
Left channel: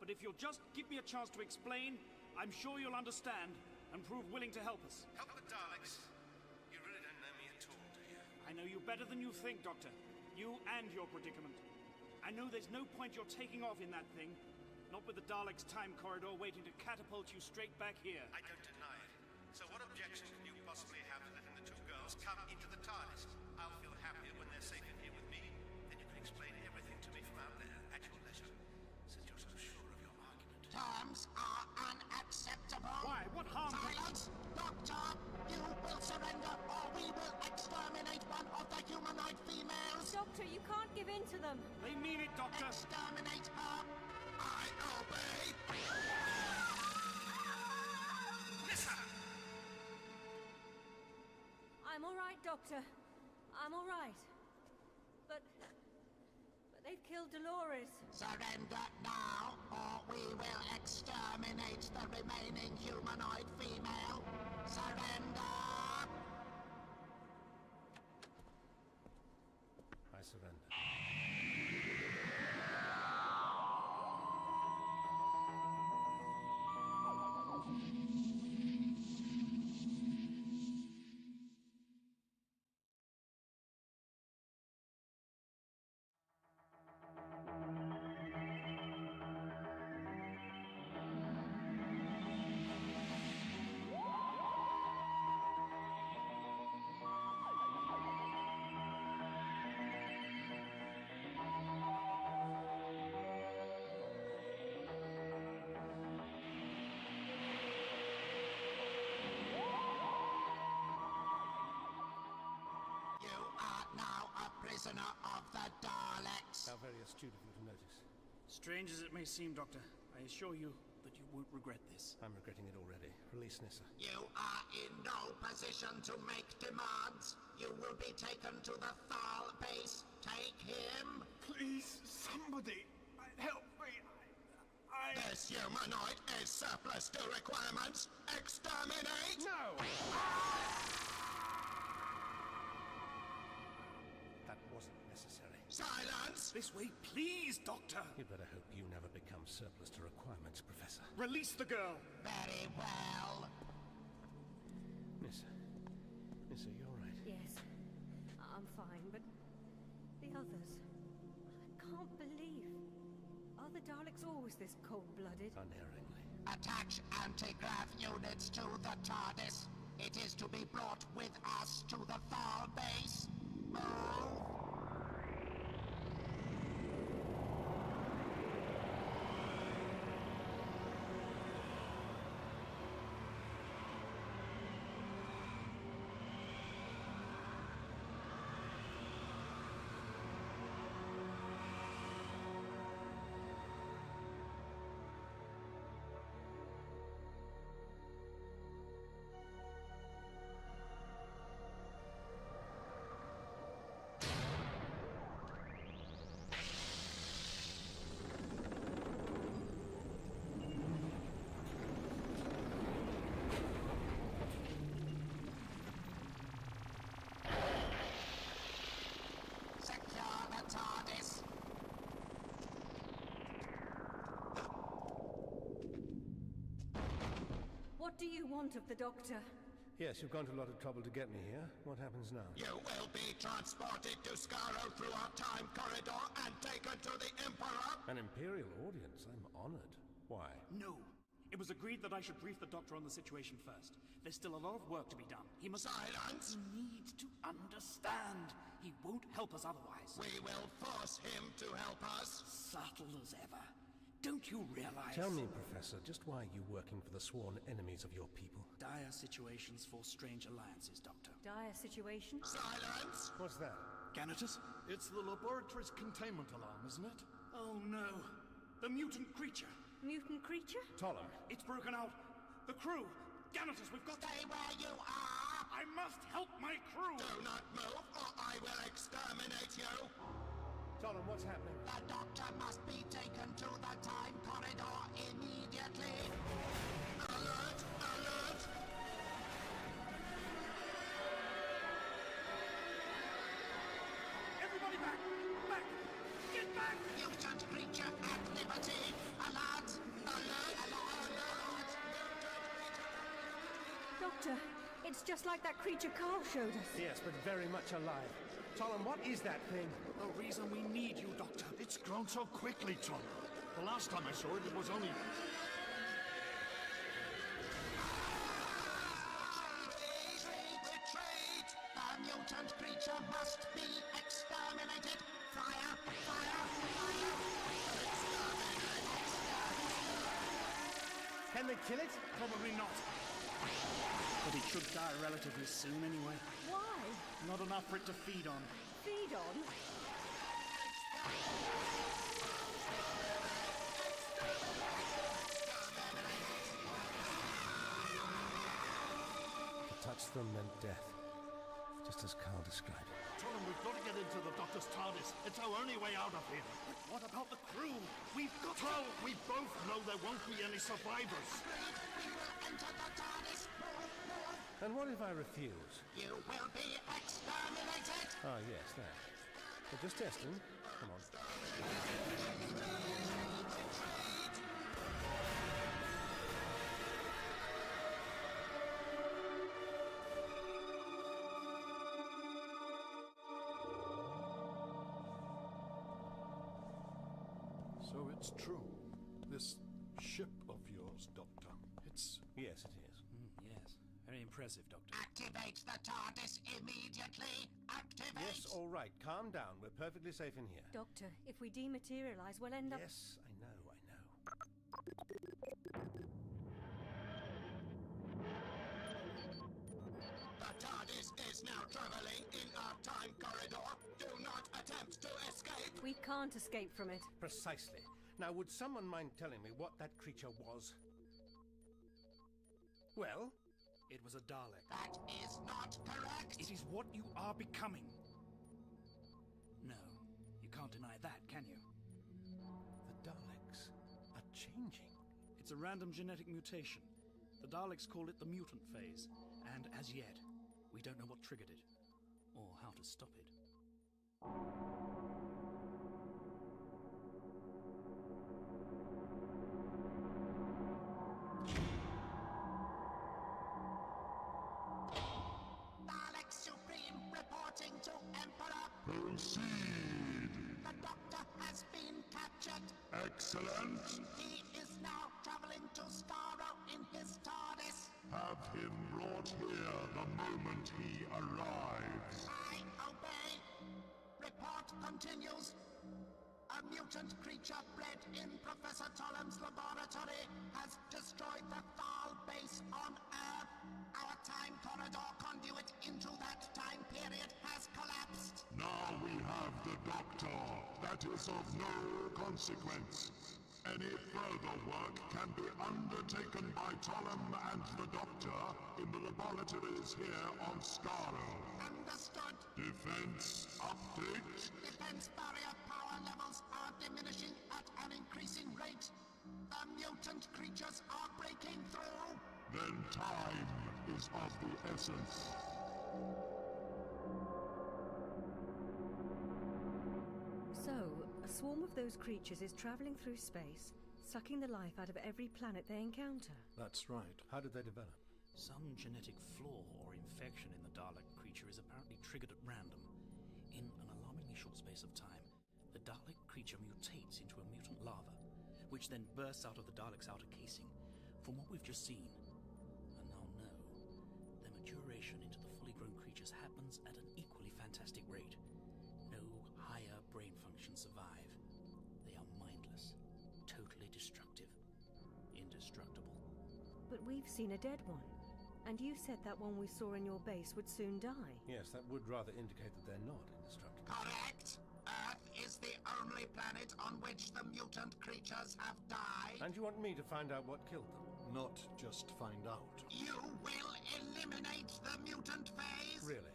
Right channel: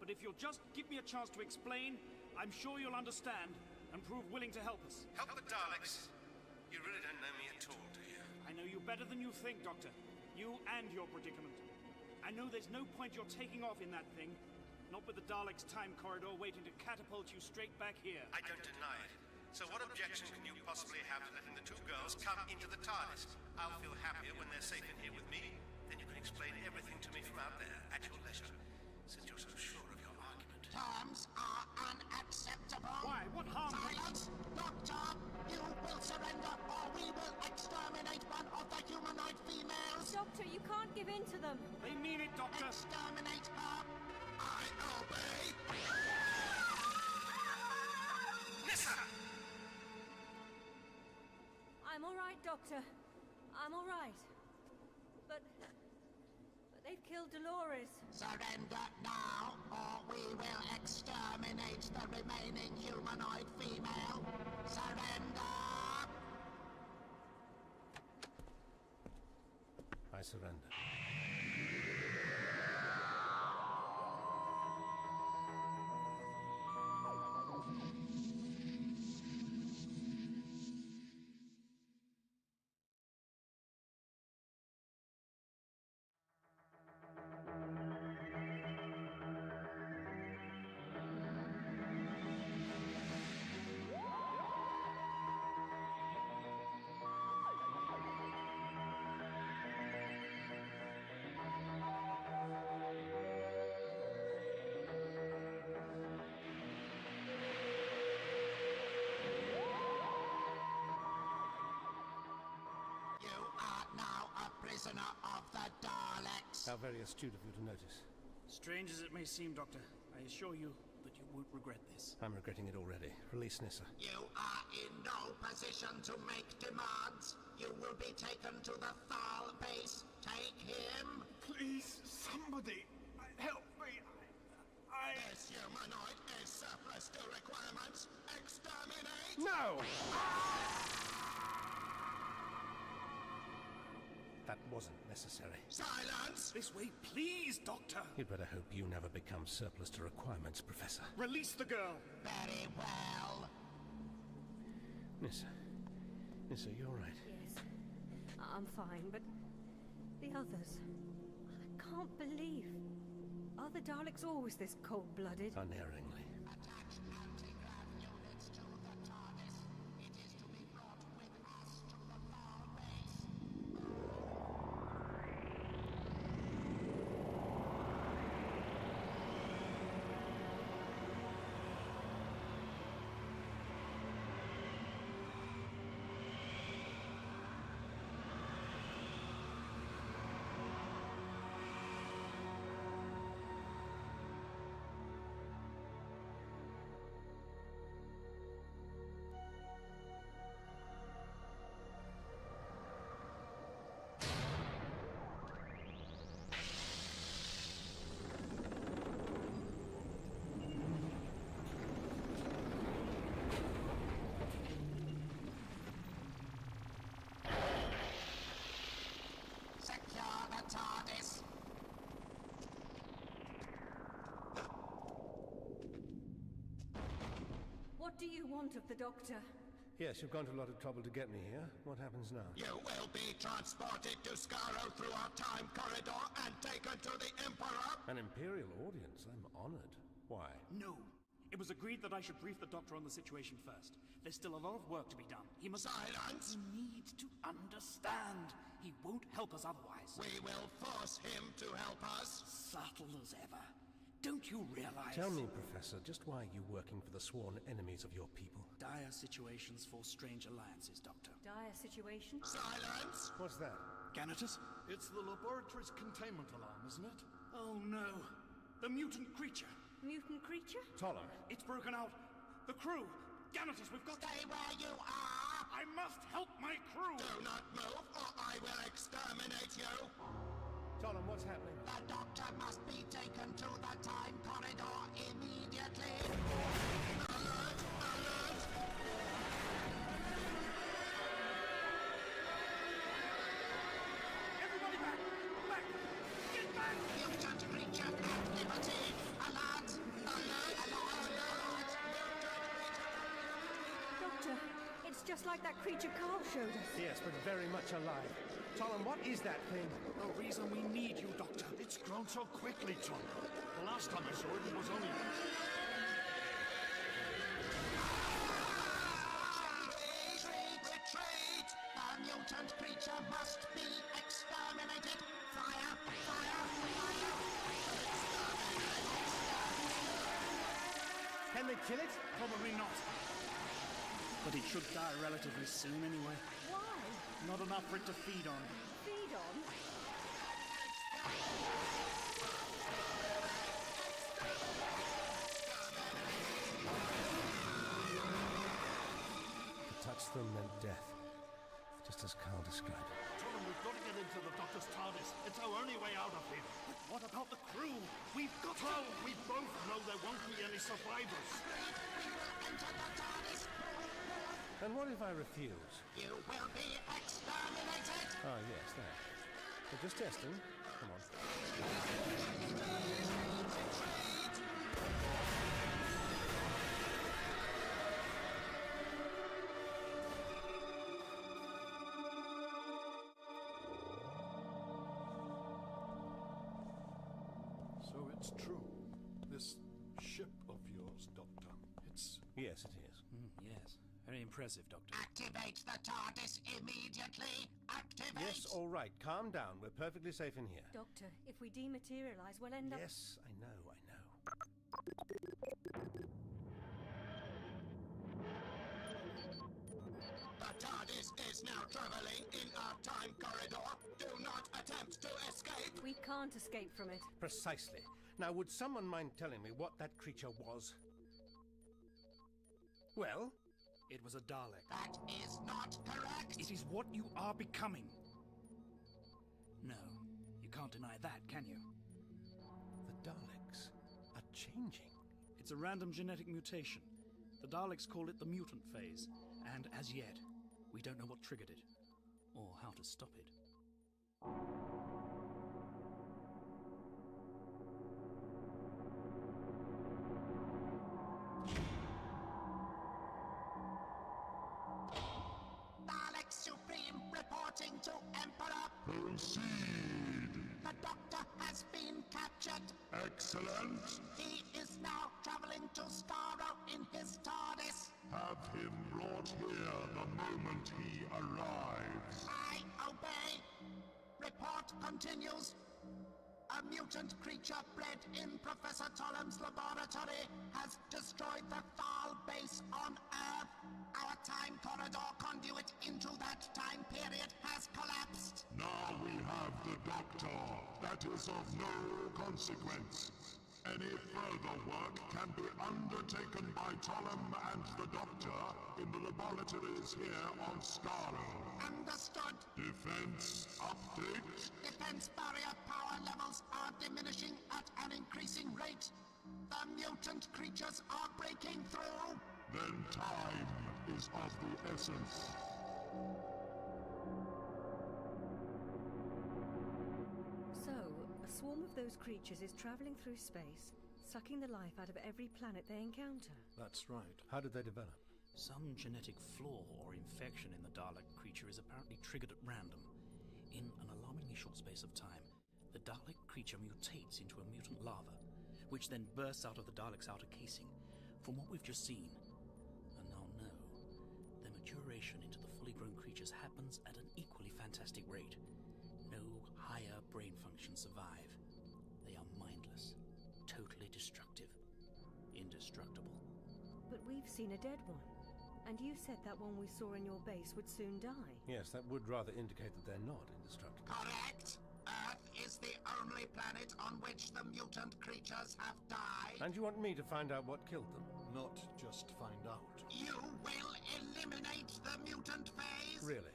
But if you'll just give me a chance to explain, I'm sure you'll understand and prove willing to help us. Help the Daleks? You really don't know me at all, do you? I know you better than you think, Doctor. You and your predicament. I know there's no point you're taking off in that thing. Not with the Daleks' time corridor waiting to catapult you straight back here. I don't deny it. So what objection can you possibly have to letting the two girls come into the TARDIS? I'll feel happier when they're safe in here with me. Then you can explain everything to me from out there at your leisure, since you're so sure of your argument. Terms are unacceptable. Why? What harm? Silence! Doctor, you will surrender or we will exterminate one of the humanoid females. Doctor, you can't give in to them. They mean it, Doctor. Exterminate her. I obey. Nissa! I'm all right, Doctor. I'm all right. But They've killed Dolores. Surrender now, or we will exterminate the remaining humanoid female. Surrender! I surrender. Prisoner of the Daleks. How very astute of you to notice. Strange as it may seem, Doctor, I assure you that you won't regret this. I'm regretting it already. Release Nissa. You are in no position to make demands. You will be taken to the Thal base. Take him. Please, somebody, help me. This humanoid is surplus to requirements. Exterminate! No! That wasn't necessary. Silence! This way, please, Doctor! You'd better hope you never become surplus to requirements, Professor. Release the girl! Very well. Nissa. Nissa, you're right. Yes, I'm fine, but the others... I can't believe... Are the Daleks always this cold-blooded? Unerringly. Attach anti-grav units to the TARDIS. It is to be brought with us to the Thal base. TARDIS. What do you want of the Doctor? Yes, you've gone to a lot of trouble to get me here. What happens now? You will be transported to Skaro through our time corridor and taken to the Emperor. An Imperial audience. I'm honored. Why? No. It was agreed that I should brief the Doctor on the situation first. There's still a lot of work to be done. He must... Silence! He needs to understand. He won't help us otherwise. We will force him to help us. Subtle as ever. Don't you realize... Tell me, Professor, just why are you working for the sworn enemies of your people? Dire situations force strange alliances, Doctor. Dire situation? Silence! What's that? Ganatus? It's the laboratory's containment alarm, isn't it? Oh no. The mutant creature. Mutant creature? Tollum. It's broken out. The crew. Ganatus, we've got... Stay where you are! I must help my crew! Do not move, or I will exterminate you! Tollum, what's happening? The Doctor must be taken to the time corridor immediately! Alert! Alert! Everybody back! Back! Get back! Mutant creature at liberty! Alert! Alert! Alert! Doctor, it's just like that creature Carl showed us. Yes, but very much alive. Tollum, what is that thing? The reason we need you, Doctor. It's grown so quickly, Tom. The last time I saw it, it was only... Retreat! The mutant creature must be exterminated! Fire! Fire! Fire! Can they kill it? Probably not. But it should die relatively soon anyway. Why? Not enough for it to feed on. Feed on? To touch them meant death, just as Carl described it. Tom, them we've got to get into the Doctor's TARDIS. It's our only way out of here. But what about the crew? We've got Well, we both know there won't be any survivors. We will enter the TARDIS. And what if I refuse? You will be exterminated. Ah, yes, that. But just testing. Come on. So it's true. This ship of yours, Doctor. It's... Yes, it is. Yes. Very impressive, Doctor. Activate the TARDIS immediately. Activate. Yes, all right. Calm down. We're perfectly safe in here. Doctor, if we dematerialize, we'll end up... Yes, I know. The TARDIS is now traveling in our time corridor. Do not attempt to escape. We can't escape from it. Precisely. Now, would someone mind telling me what that creature was? Well? It was a Dalek. That is not correct. It is what you are becoming. No, you can't deny that, can you? The Daleks are changing. It's a random genetic mutation. The Daleks call it the mutant phase, and as yet, we don't know what triggered it, or how to stop it. Dalek Supreme reporting to Emperor. Proceed. The Doctor has been captured. Excellent. He is now traveling to Skaro in his TARDIS. Have him brought here the moment he arrives. I obey. Report continues. A mutant creature bred in Professor Tolem's laboratory has destroyed the Thal base on Earth. Our time corridor conduit into that time period has collapsed. Now we have the Doctor. That is of no consequence. Any further work can be undertaken by Tolem and the Doctor in the laboratories here on Skaro. Understood. Defense update. Defense barrier power levels are diminishing at an increasing rate. The mutant creatures are breaking through. Then time is of the essence. So, a swarm of those creatures is traveling through space, sucking the life out of every planet they encounter. That's right. How did they develop? Some genetic flaw or infection in the Dalek creature is apparently triggered at random. In an alarmingly short space of time, the Dalek creature mutates into a mutant larva, which then bursts out of the Dalek's outer casing. From what we've just seen, and now know, their maturation into the fully grown creatures happens at an equally fantastic rate. No higher brain functions survive. They are mindless, totally destructive, indestructible. But we've seen a dead one. And you said that one we saw in your base would soon die. Yes, that would rather indicate that they're not indestructible. Correct. Earth is the only planet on which the mutant creatures have died. And you want me to find out what killed them? Not just find out. You will eliminate the mutant phase? Really?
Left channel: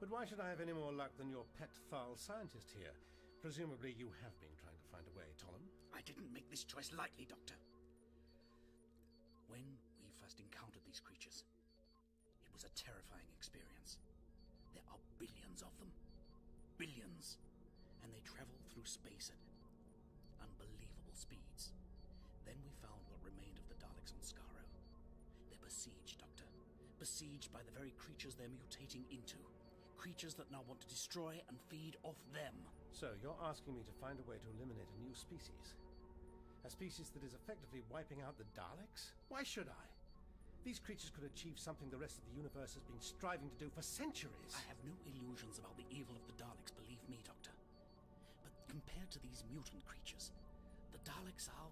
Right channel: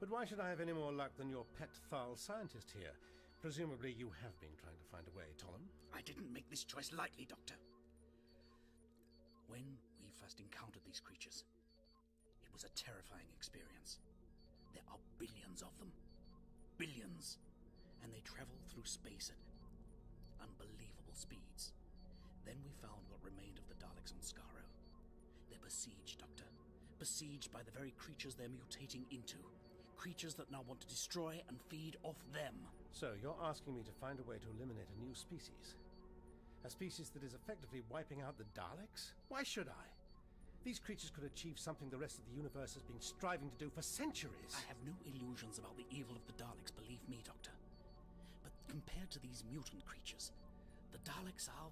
But why should I have any more luck than your pet Thal scientist here? Presumably you have been trying to find a way, Tolem. I didn't make this choice lightly, Doctor. When we first encountered these creatures, it was a terrifying experience. There are billions of them. Billions. And they travel through space at unbelievable speeds. Then we found what remained of the Daleks on Skaro. They're besieged, Doctor. Besieged by the very creatures they're mutating into. Creatures that now want to destroy and feed off them. So you're asking me to find a way to eliminate a new species? A species that is effectively wiping out the Daleks? Why should I? These creatures could achieve something the rest of the universe has been striving to do for centuries. I have no illusions about the evil of the Daleks, believe me, Doctor. But compared to these mutant creatures, the Daleks are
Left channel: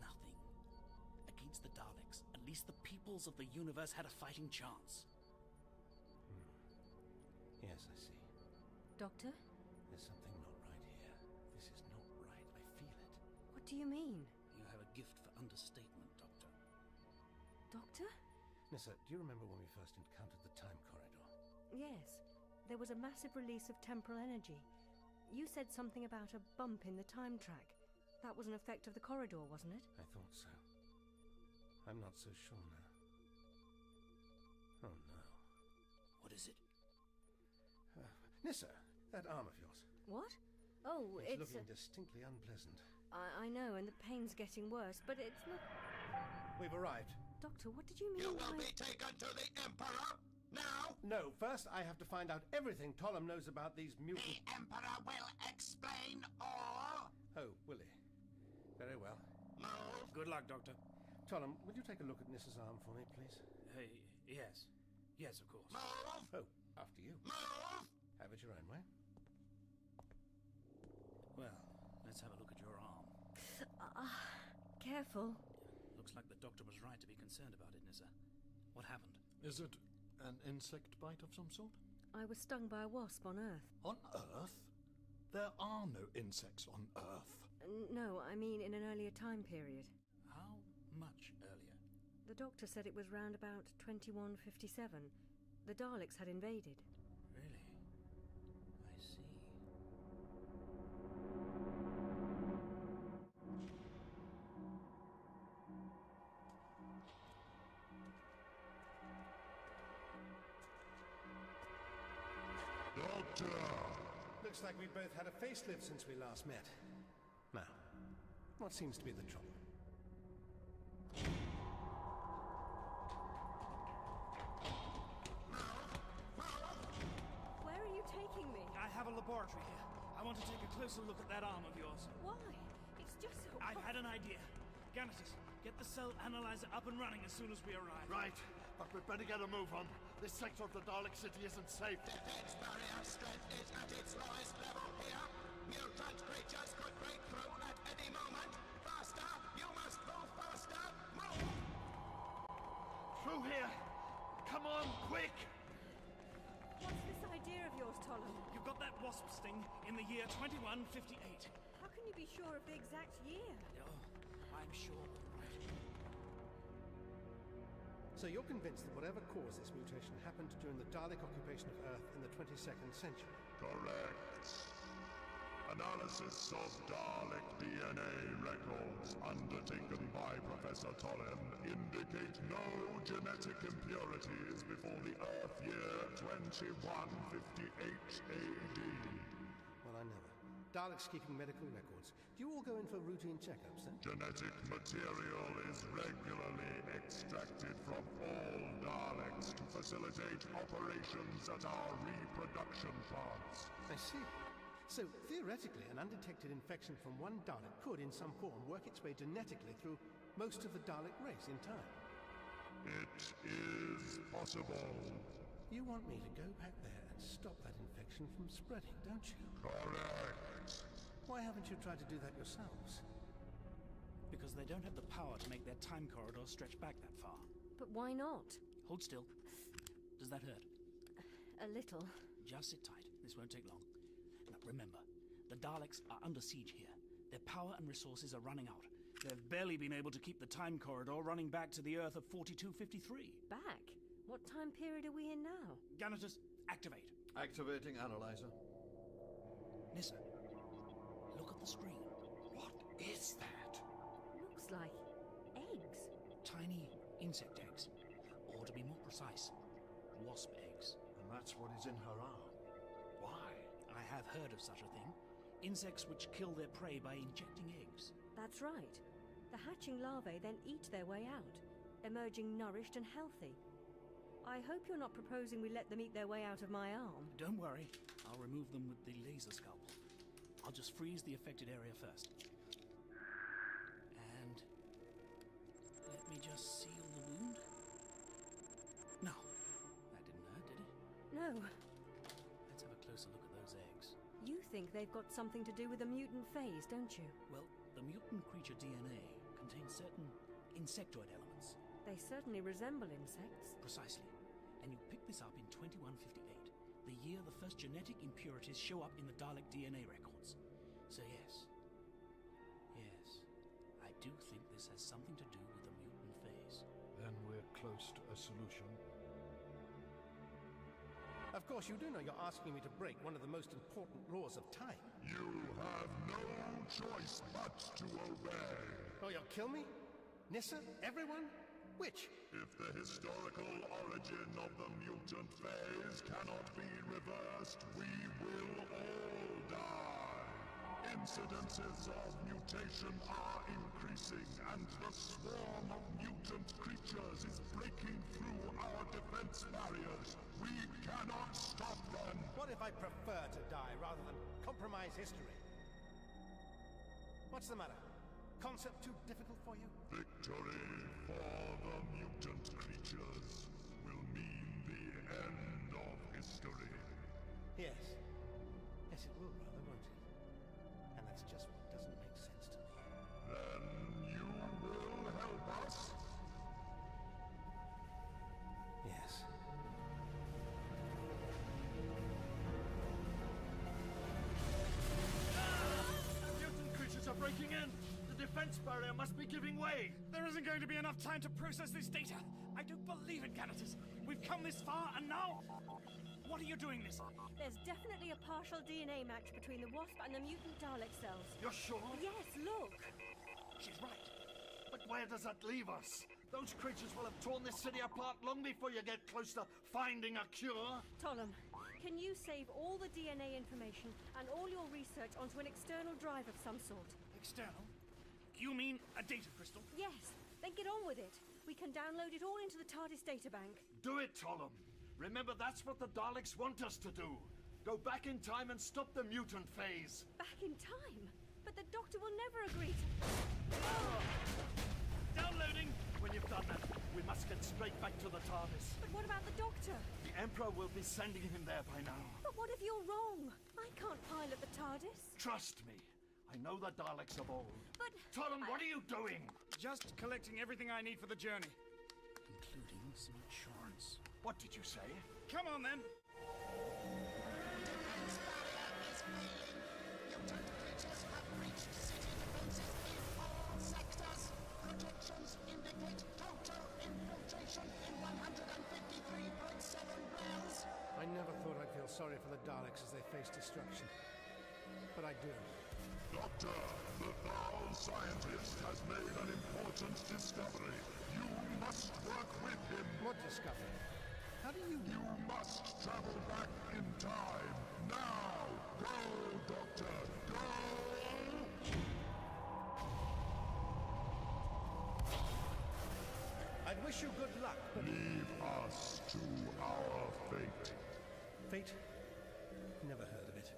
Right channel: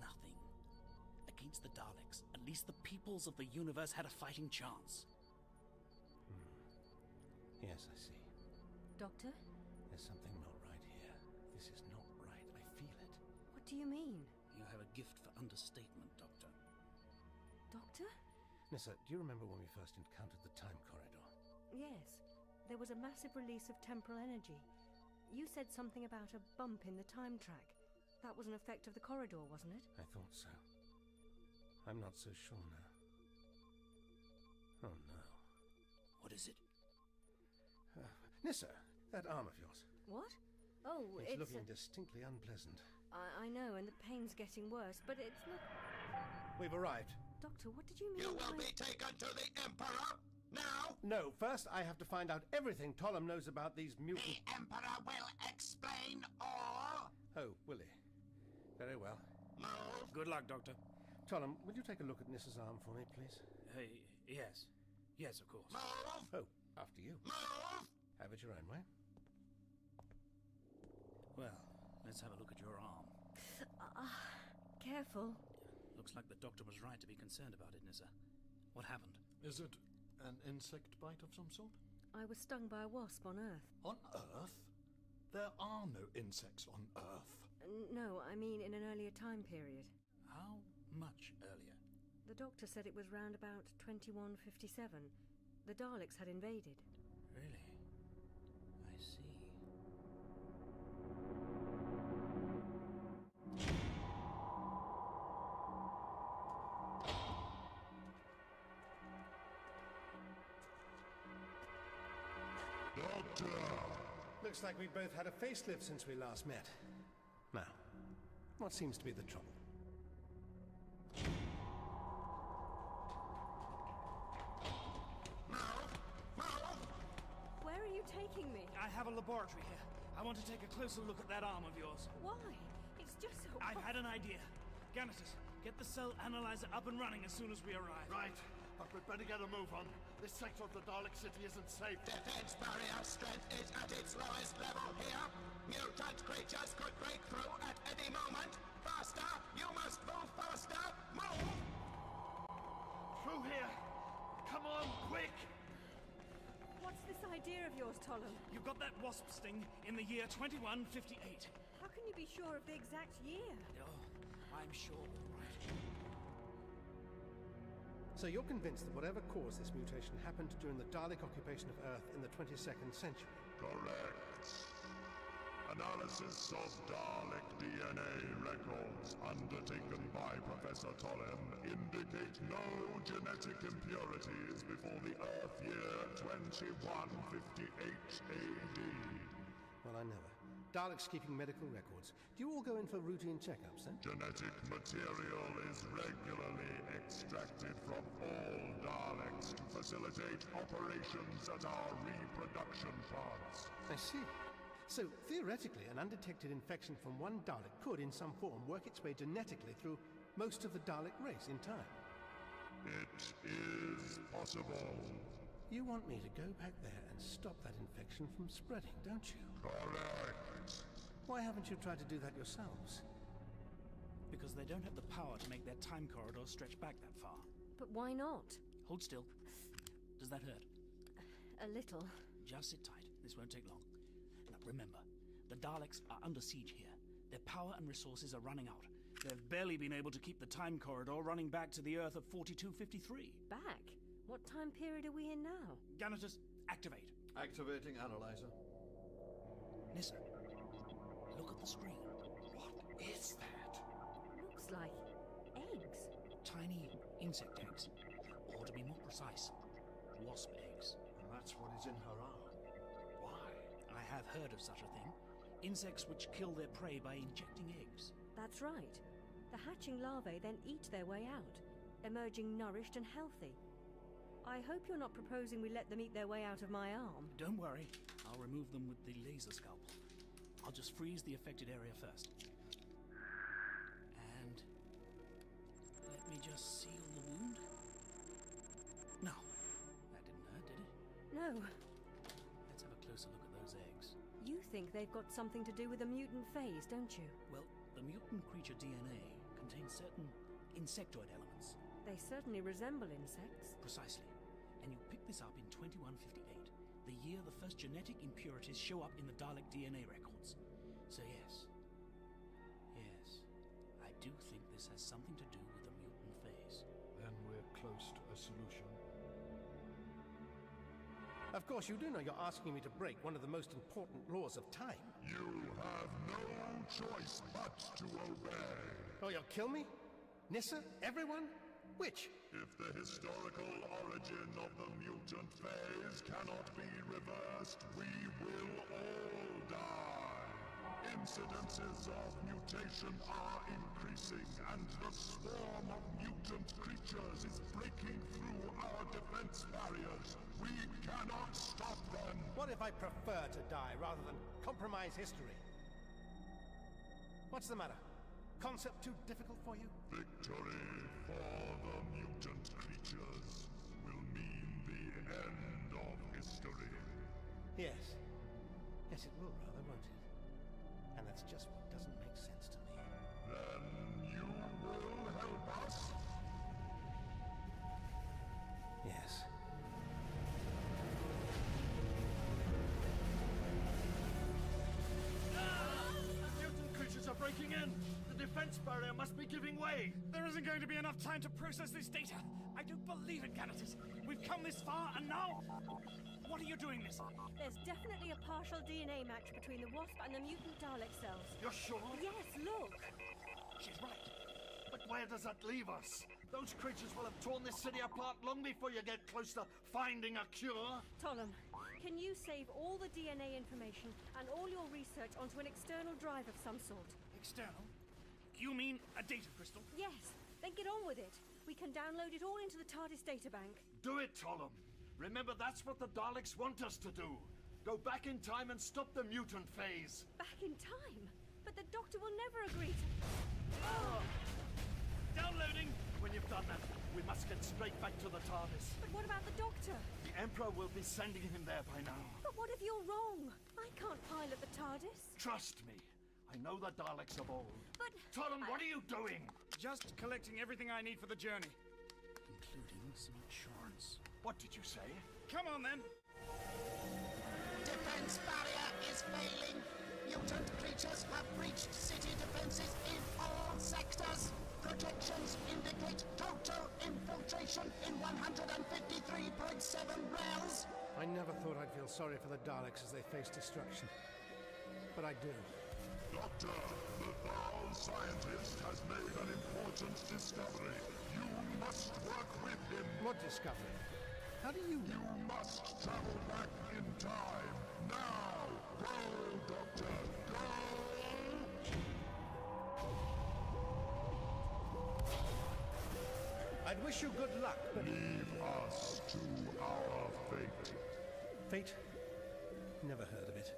nothing. Against the Daleks, at least the peoples of the universe had a fighting chance. Yes, I see. Doctor? There's something not right here. This is not right. I feel it. What do you mean? You have a gift for understatement, Doctor. Doctor? Nissa, do you remember when we first encountered the time corridor? Yes. there was a massive release of temporal energy. You said something about a bump in the time track. That was an effect of the corridor, wasn't it? I thought so. I'm not so sure now. Oh no. What is it? Nissa, that arm of yours. What? Oh, It's looking distinctly unpleasant. I know, and the pain's getting worse, but it's not... We've arrived. Doctor, what did you mean You will be taken to the Emperor now. No, first I have to find out everything Tollum knows about these mutant... The Emperor will explain all. Oh, will he? Very well. Move. Good luck, Doctor. Tollum, would you take a look at Nissa's arm for me, please? Yes. Yes, of course. Move. Oh, after you. Move. Have it your own way. Well, let's have a look at your arm. Careful. Looks like the doctor was right to be concerned about it, Nissa. What happened? Is it an insect bite of some sort? I was stung by a wasp on Earth. On Earth? There are no insects on Earth. No, I mean in an earlier time period. How much earlier? The doctor said it was round about 2157. The Daleks had invaded. Really? I see. Doctor! Looks like we both had a facelift since we last met. Now, what seems to be the trouble? Where are you taking me? I have a laboratory here. I want to take a closer look at that arm of yours. Why? It's just so... I've had an idea. Ganatus, get the cell analyzer up and running as soon as we arrive. Right, but we'd better get a move on. This sector of the Dalek city isn't safe. Defense barrier strength is at its lowest level here. Mutant creatures could break through at any moment. Faster! You must move faster! Move! Through here! Come on, quick! What's this idea of yours, Tollum? You got that wasp sting in the year 2158. How can you be sure of the exact year? Oh, I'm sure all right. So you're convinced that whatever caused this mutation happened during the Dalek occupation of Earth in the 22nd century? Correct. Analysis of Dalek DNA records undertaken by Professor Tollem indicate no genetic impurities before the Earth year 2158 AD. Well, I never. Daleks keeping medical records. Do you all go in for routine checkups, then? Genetic material is regularly extracted from all Daleks to facilitate operations at our reproduction plants. I see. So, theoretically, an undetected infection from one Dalek could, in some form, work its way genetically through most of the Dalek race in time. It is possible. You want me to go back there and stop that infection from spreading, don't you? Correct. Why haven't you tried to do that yourselves? Because they don't have the power to make their time corridor stretch back that far. But why not? Hold still. Does that hurt? A little. Just sit tight. This won't take long. Now, remember, the Daleks are under siege here. Their power and resources are running out. They've barely been able to keep the time corridor running back to the Earth of 4253. Back? What time period are we in now? Ganatus, activate. Activating analyzer. Nissa, look at the screen. What is that? Looks like eggs. Tiny insect eggs. Or to be more precise, wasp eggs. And that's what is in her arm. Why? I have heard of such a thing. Insects which kill their prey by injecting eggs. That's right. The hatching larvae then eat their way out, emerging nourished and healthy. I hope you're not proposing we let them eat their way out of my arm. Don't worry. I'll remove them with the laser scalpel. I'll just freeze the affected area first. And let me just seal the wound. No, that didn't hurt, did it? No. Let's have a closer look at those eggs. You think they've got something to do with the mutant phase, don't you? Well, the mutant creature DNA contains certain insectoid elements. They certainly resemble insects. Precisely. And you pick this up in 2158, the year the first genetic impurities show up in the Dalek DNA records. So yes, I do think this has something to do with the mutant phase. Then we're close to a solution. Of course, you do know you're asking me to break one of the most important laws of time. You have no choice but to obey. Oh, you'll kill me? Nissa? Everyone? Which? If the historical origin of the mutant phase cannot be reversed, we will all die. Incidences of mutation are increasing, and the swarm of mutant creatures is breaking through our defense barriers. We cannot stop them. What if I prefer to die rather than compromise history? What's the matter? Concept too difficult for you? Victory for the mutant creatures will mean the end of history. Yes. Yes, it will rather, won't it? And that's just what doesn't make sense to me. Then you will help us? Yes. Mutant creatures are breaking in! The defense barrier must be giving way! There isn't going to be enough time to process this data. I don't believe it, Ganatus. We've come this far, and now... What are you doing, Nissa? There's definitely a partial DNA match between the wasp and the mutant Dalek cells. You're sure? Yes, look! She's right. But where does that leave us? Those creatures will have torn this city apart long before you get close to finding a cure. Tollem, can you save all the DNA information and all your research onto an external drive of some sort? External? You mean a data crystal? Yes, then get on with it. We can download it all into the TARDIS databank. Do it, Tollem. Remember, that's what the Daleks want us to do. Go back in time and stop the mutant phase. Back in time? But the Doctor will never agree to... Downloading! When you've done that, we must get straight back to the TARDIS. But what about the Doctor? The Emperor will be sending him there by now. But what if you're wrong? I can't pilot the TARDIS. Trust me. I know the Daleks of old. But... Tollem, what are you doing? Just collecting everything I need for the journey. Including some insurance. What did you say? Come on, then. Defense barrier is failing. Mutant creatures have breached city defenses in all sectors. Projections indicate total infiltration in 153.7 rels. I never thought I'd feel sorry for the Daleks as they face destruction. But I do. Doctor, the Thal scientist has made an important discovery. You must work with him. What discovery? How do you... You must travel back in time. Now! Go, Doctor! Go! I'd wish you good luck, but... Leave us to our fate. Fate? Never heard of it.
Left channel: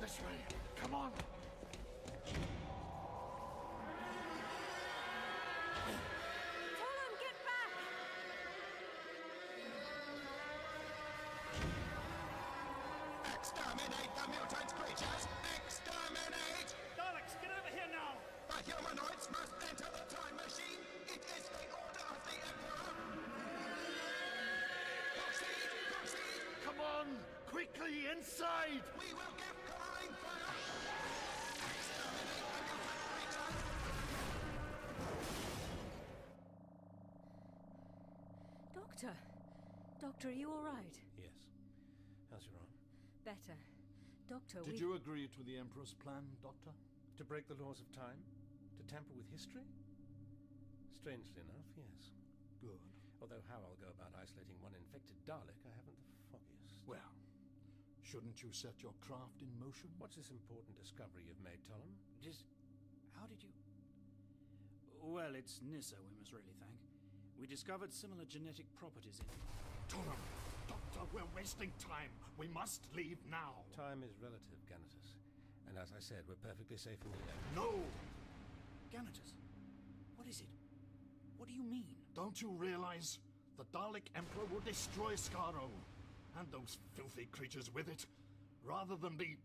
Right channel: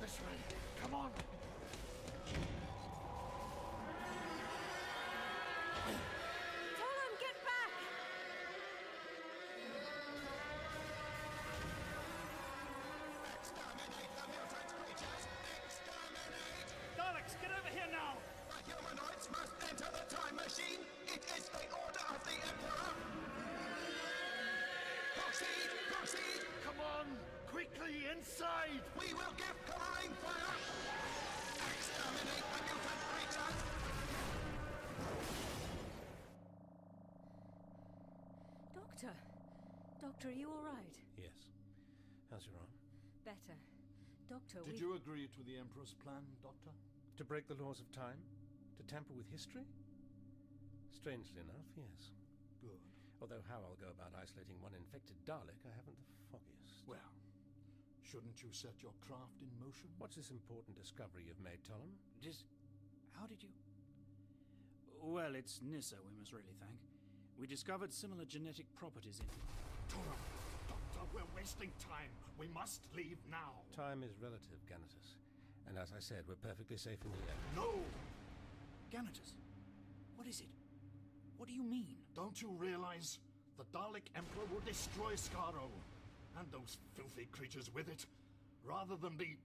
This way. Come on. Tollem, get back! Exterminate the mutant creatures! Exterminate! Daleks, get over here now! The humanoids must enter the time machine! It is the order of the Emperor! Proceed! Proceed! Come on! Quickly, inside! We will give covering fire! Exterminate the mutant creatures! Doctor? Doctor, are you all right? Yes. How's your arm? Better. Doctor, Did you agree to the Emperor's plan, Doctor? To break the laws of time? To tamper with history? Strangely enough, yes. Good. Although how I'll go about isolating one infected Dalek, I haven't the foggiest. Well, shouldn't you set your craft in motion? What's this important discovery you've made, Tollem? How did you... Well, it's Nissa we must really thank. We discovered similar genetic properties in... Tollem! Doctor, we're wasting time. We must leave now. Time is relative, Ganatus. And as I said, we're perfectly safe in the air. No! Ganatus, what is it? What do you mean? Don't you realize? The Dalek Emperor will destroy Skaro. And those filthy creatures with it. Rather than be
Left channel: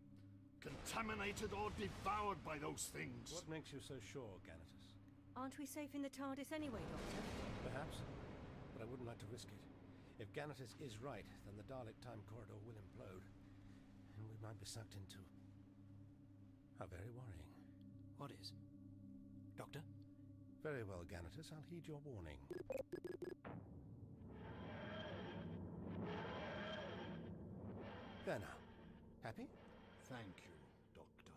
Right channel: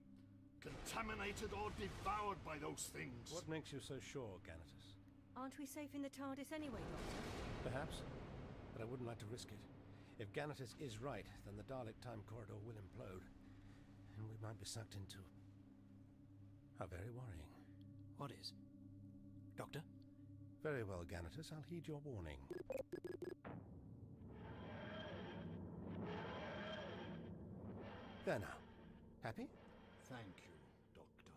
contaminated or devoured by those things. What makes you so sure, Ganatus? Aren't we safe in the TARDIS anyway, Doctor? Perhaps. But I wouldn't like to risk it. If Ganatus is right, then the Dalek time corridor will implode, and we might be sucked into... how very worrying. What is? Doctor? Very well, Ganatus. I'll heed your warning. There now. Happy? Thank you, Doctor.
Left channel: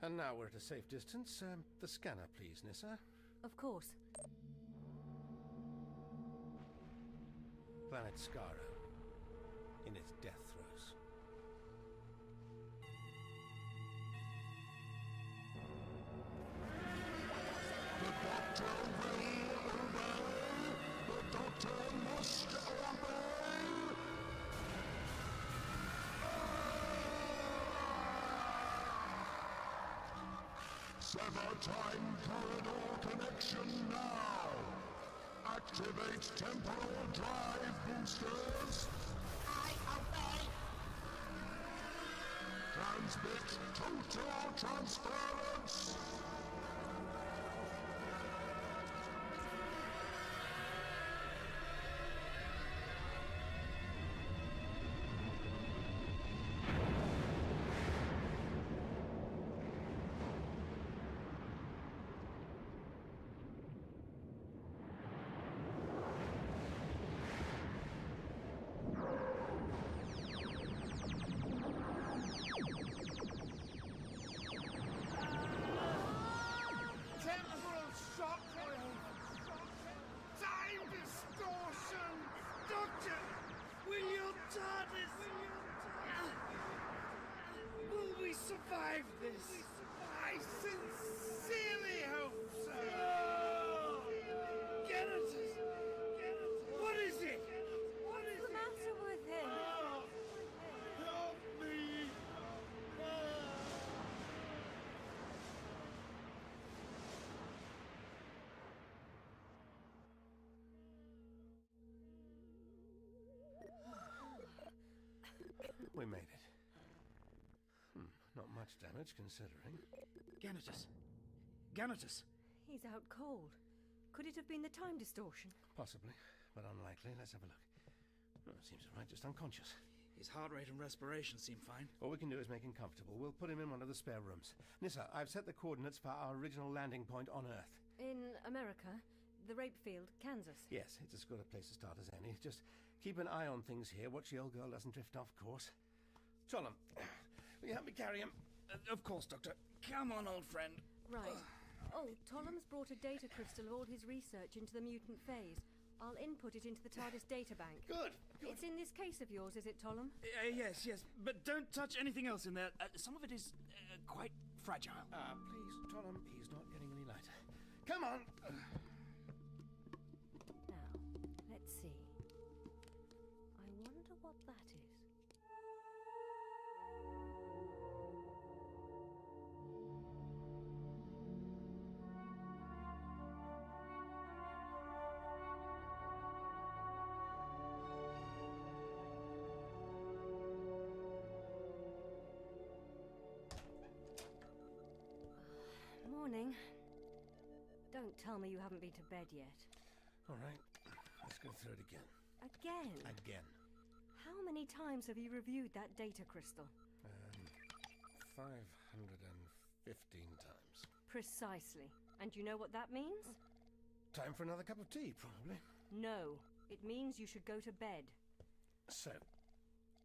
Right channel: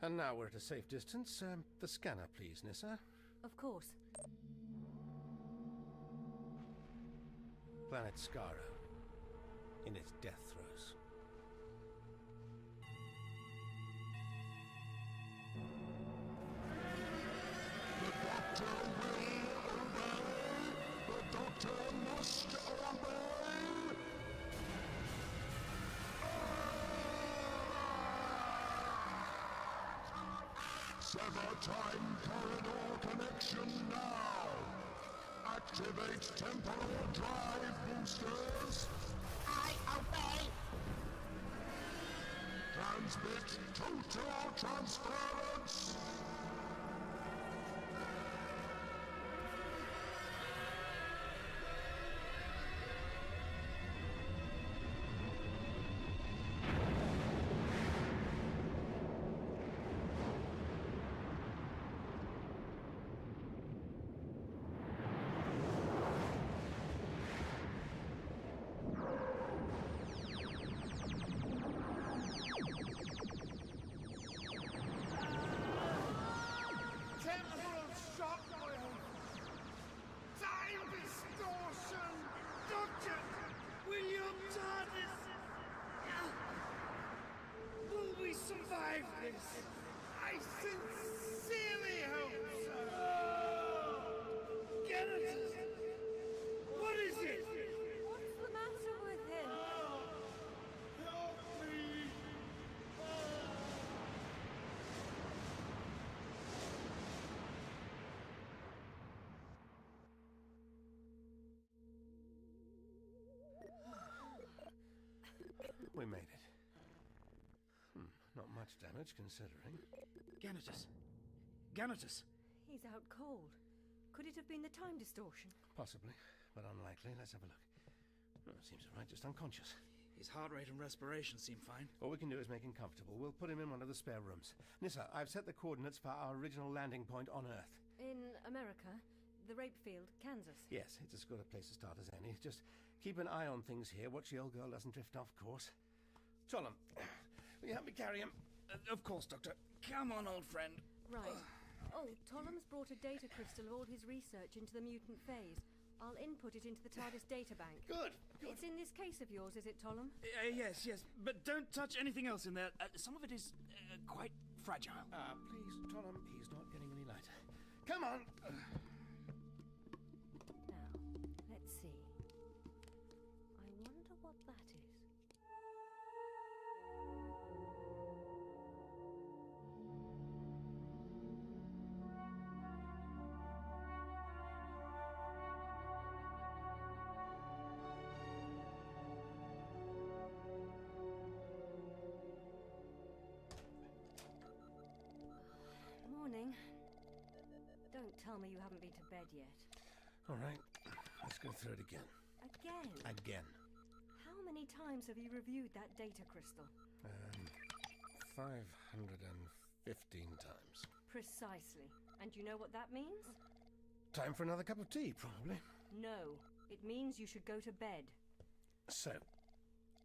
And now we're at a safe distance. The scanner, please, Nissa. Of course. Planet Skaro. In its death throes. The Doctor will obey! The Doctor must obey! Sever time corridor connection now! Activate temporal drive boosters! I obey! Transmit total transference! Temporal shockwave! Time distortion! Doctor! Will your TARDIS... Will we survive this? I sincerely hope so! Ganatus! What is it? What's the matter with him? Help me! We made it. Not much damage, considering. Ganatus. Ganatus. He's out cold. Could it have been the time distortion? Possibly, but unlikely. Let's have a look. Oh, seems all right, just unconscious. His heart rate and respiration seem fine. All we can do is make him comfortable. We'll put him in one of the spare rooms. Nissa, I've set the coordinates for our original landing point on Earth. In America? The rape field, Kansas? Yes, it's as good a place to start as any. Just keep an eye on things here. Watch the old girl doesn't drift off course. Tollum, will you help me carry him? Of course, Doctor. Come on, old friend. Right. Oh, Tollum's brought a data crystal of all his research into the mutant phase. I'll input it into the TARDIS data bank. Good. It's in this case of yours, is it, Tollum? Yes. But don't touch anything else in there. Some of it is quite fragile. Please, Tollum, he's not getting any lighter. Come on! Now, let's see. I wonder what that is. Morning. Don't tell me you haven't been to bed yet. All right, let's go through it again. Again? Again. How many times have you reviewed that data crystal? 515 times. Precisely. And you know what that means? Time for another cup of tea, probably. No. It means you should go to bed. So,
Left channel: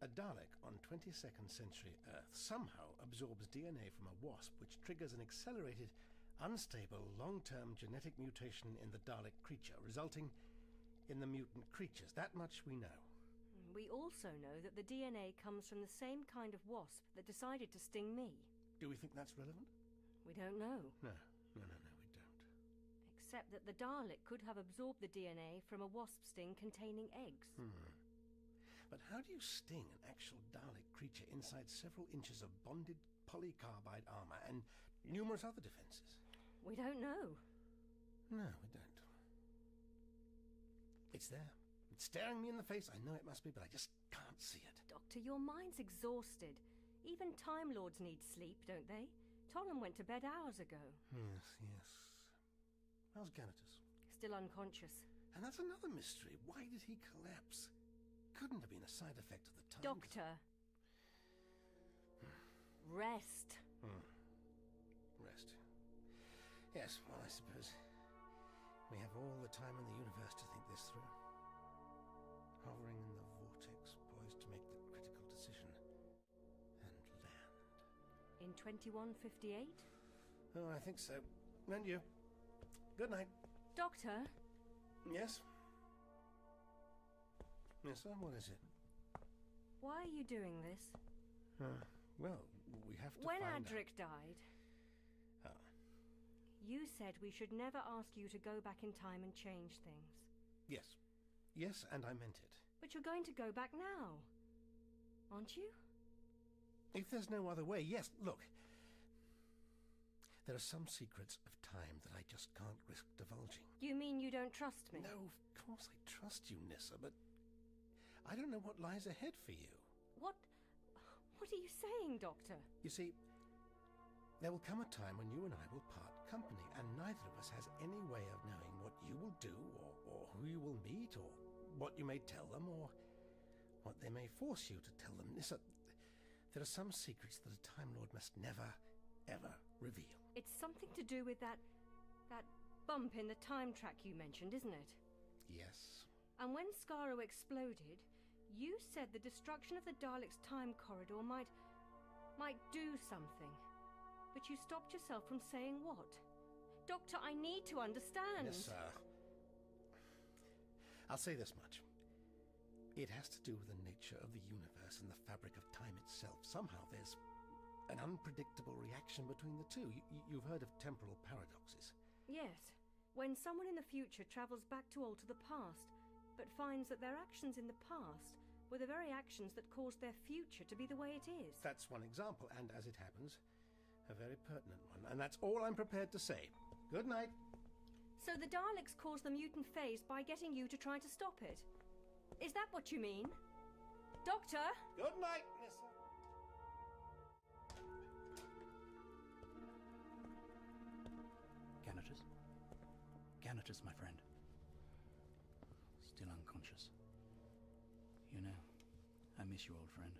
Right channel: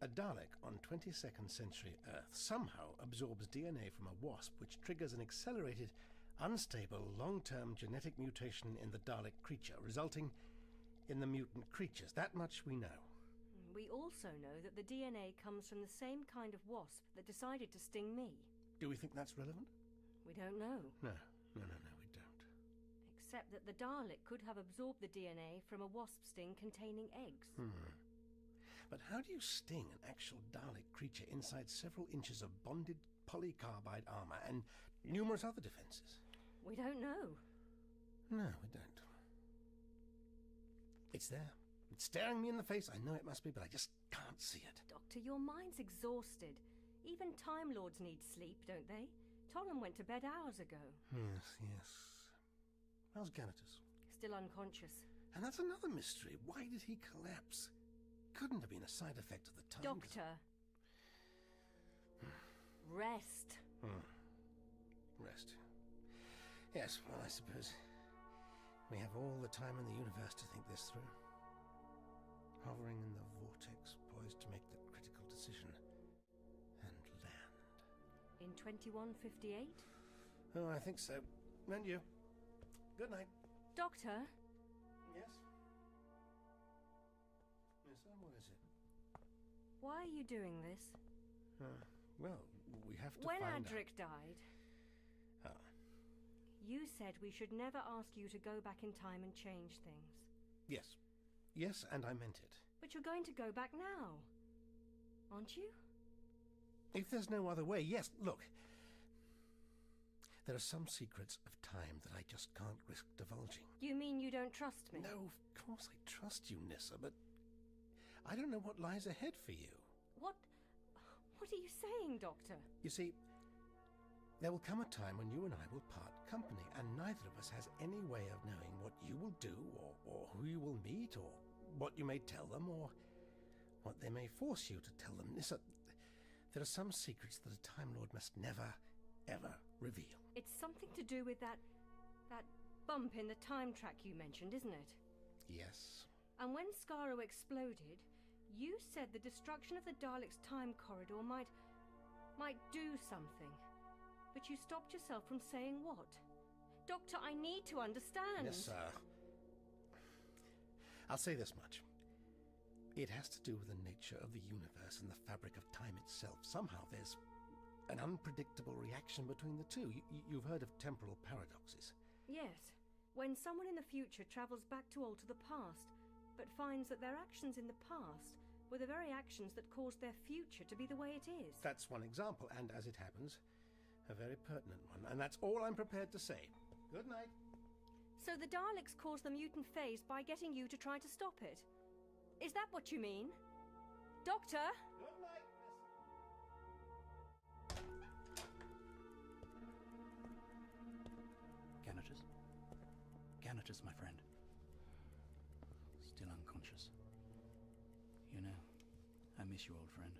a Dalek on 22nd century Earth somehow absorbs DNA from a wasp, which triggers an accelerated, unstable, long-term genetic mutation in the Dalek creature, resulting in the mutant creatures. That much we know. We also know that the DNA comes from the same kind of wasp that decided to sting me. Do we think that's relevant? We don't know. No, we don't. Except that the Dalek could have absorbed the DNA from a wasp sting containing eggs. But how do you sting an actual Dalek creature inside several inches of bonded polycarbide armor and numerous other defenses? We don't know. No, we don't. It's there. It's staring me in the face. I know it must be, but I just can't see it. Doctor, your mind's exhausted. Even Time Lords need sleep, don't they? Tollum went to bed hours ago. Yes. How's Ganatus? Still unconscious. And that's another mystery. Why did he collapse? Couldn't have been a side effect of the time. Doctor. Rest. Rest. Yes, well, I suppose we have all the time in the universe to think this through. Hovering in the vortex, poised to make the critical decision. And land. In 2158? Oh, I think so. And you. Good night. Doctor? Yes? Yes, sir, what is it? Why are you doing this? Well, we have to When find Adric died, out. you said we should never ask you to go back in time and change things. Yes. Yes, and I meant it. But you're going to go back now, aren't you? If there's no other way, yes, look. There are some secrets of time that I just can't risk divulging. You mean you don't trust me? No, of course I trust you, Nissa, but I don't know what lies ahead for you. What are you saying, Doctor? You see, there will come a time when you and I will part company, and neither of us has any way of knowing what you will do, or who you will meet, or what you may tell them, or what they may force you to tell them. Nissa, there are some secrets that a Time Lord must never, ever reveal. It's something to do with that bump in the time track you mentioned, isn't it? Yes. And when Skaro exploded, you said the destruction of the Daleks' time corridor might do something. But you stopped yourself from saying what? Doctor, I need to understand. Yes, sir. I'll say this much. It has to do with the nature of the universe and the fabric of time itself. Somehow there's an unpredictable reaction between the two. You've heard of temporal paradoxes. Yes. When someone in the future travels back to alter the past, but finds that their actions in the past were the very actions that caused their future to be the way it is. That's one example, and as it happens, a very pertinent one. And that's all I'm prepared to say. Good night. So the Daleks caused the mutant phase by getting you to try to stop it? Is that what you mean? Doctor? Good night, Ganatus? Ganatus, my friend. Still unconscious. You know, I miss you, old friend.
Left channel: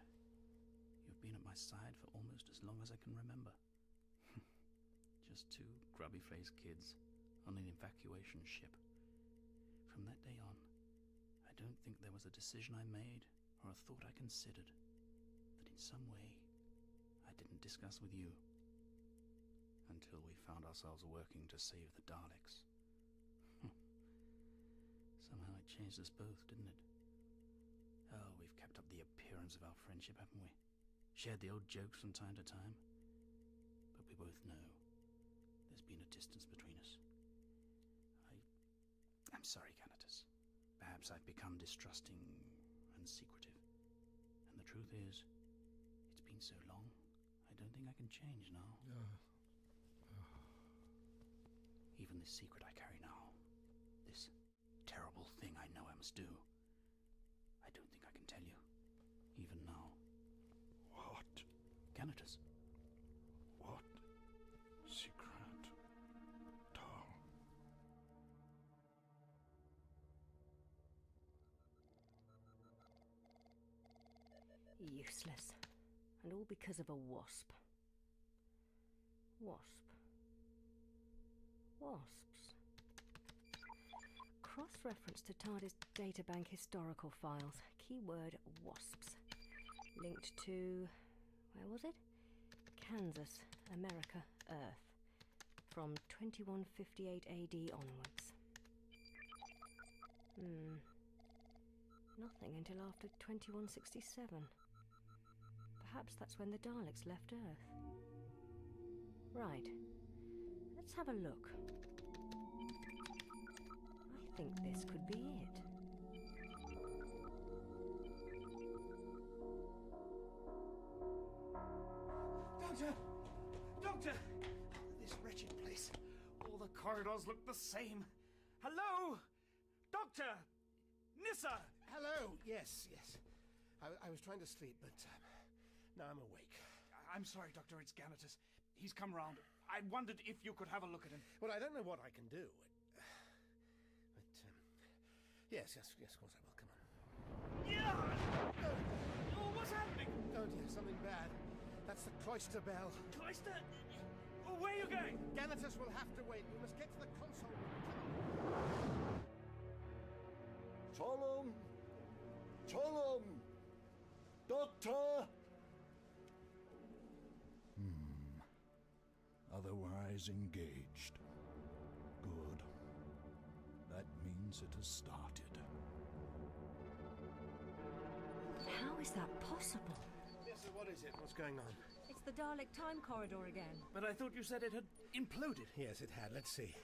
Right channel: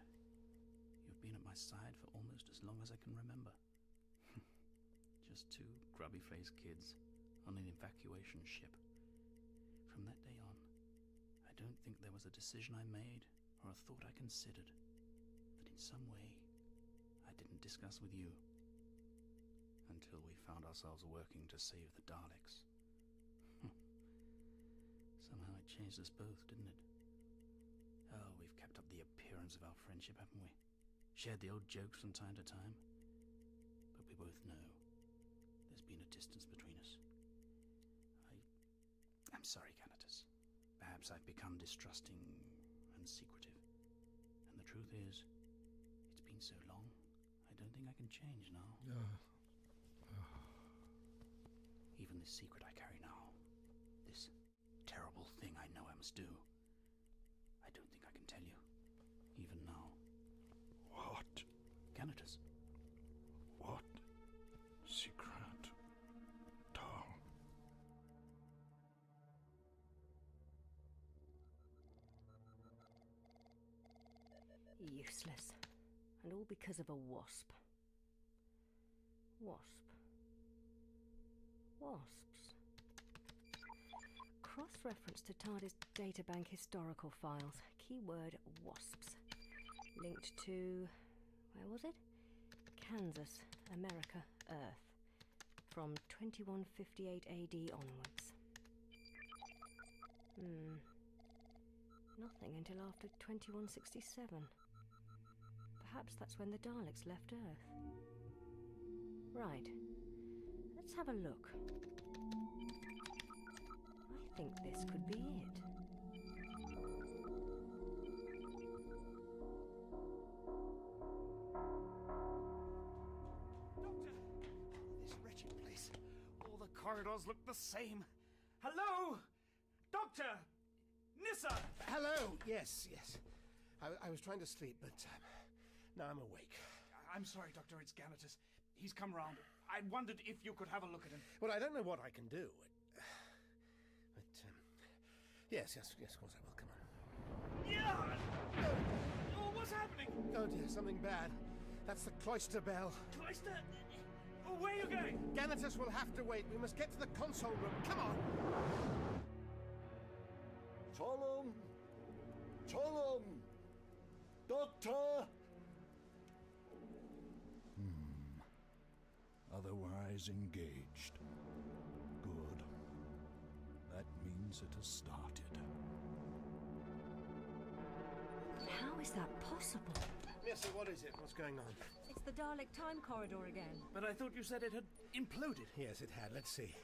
You've been at my side for almost as long as I can remember. Just two grubby-faced kids on an evacuation ship. From that day on, I don't think there was a decision I made or a thought I considered that in some way I didn't discuss with you. Until we found ourselves working to save the Daleks. Somehow it changed us both, didn't it? Oh, we've kept up the appearance of our friendship, haven't we? Shared the old jokes from time to time. But we both know there's been a distance between us. I'm sorry, Ganatus. Perhaps I've become distrusting and secretive. And the truth is, it's been so long, I don't think I can change now. Even this secret I carry now, this terrible thing I know I must do, I don't think I can tell you, even now. What? Ganatus. What secret, Tom? Useless. And all because of a wasp. Wasps. Cross-reference to TARDIS databank historical files. Keyword wasps. Linked to... where was it? Kansas, America, Earth. From 2158 AD onwards. Nothing until after 2167. Perhaps that's when the Daleks left Earth. Right. Let's have a look. I think this could be it. Doctor! This wretched place. All the corridors look the same. Hello? Doctor! Nissa! Hello! Yes. I was trying to sleep, but now I'm awake. I'm sorry, Doctor, it's Ganatus. He's come round. I wondered if you could have a look at him. Well, I don't know what I can do. But Yes, of course I will. Come on. Yeah! Oh, what's happening? Oh dear, something bad. That's the cloister bell. Cloister? Oh, where are you going? Ganatus will have to wait. We must get to the console room. Come on! Tolum! Tolum! Doctor! Otherwise engaged. Good. That means it has started. How is that possible? Nissa, what is it? What's going on? It's the Dalek time corridor again. But I thought you said it had imploded. Yes, it had. Let's see.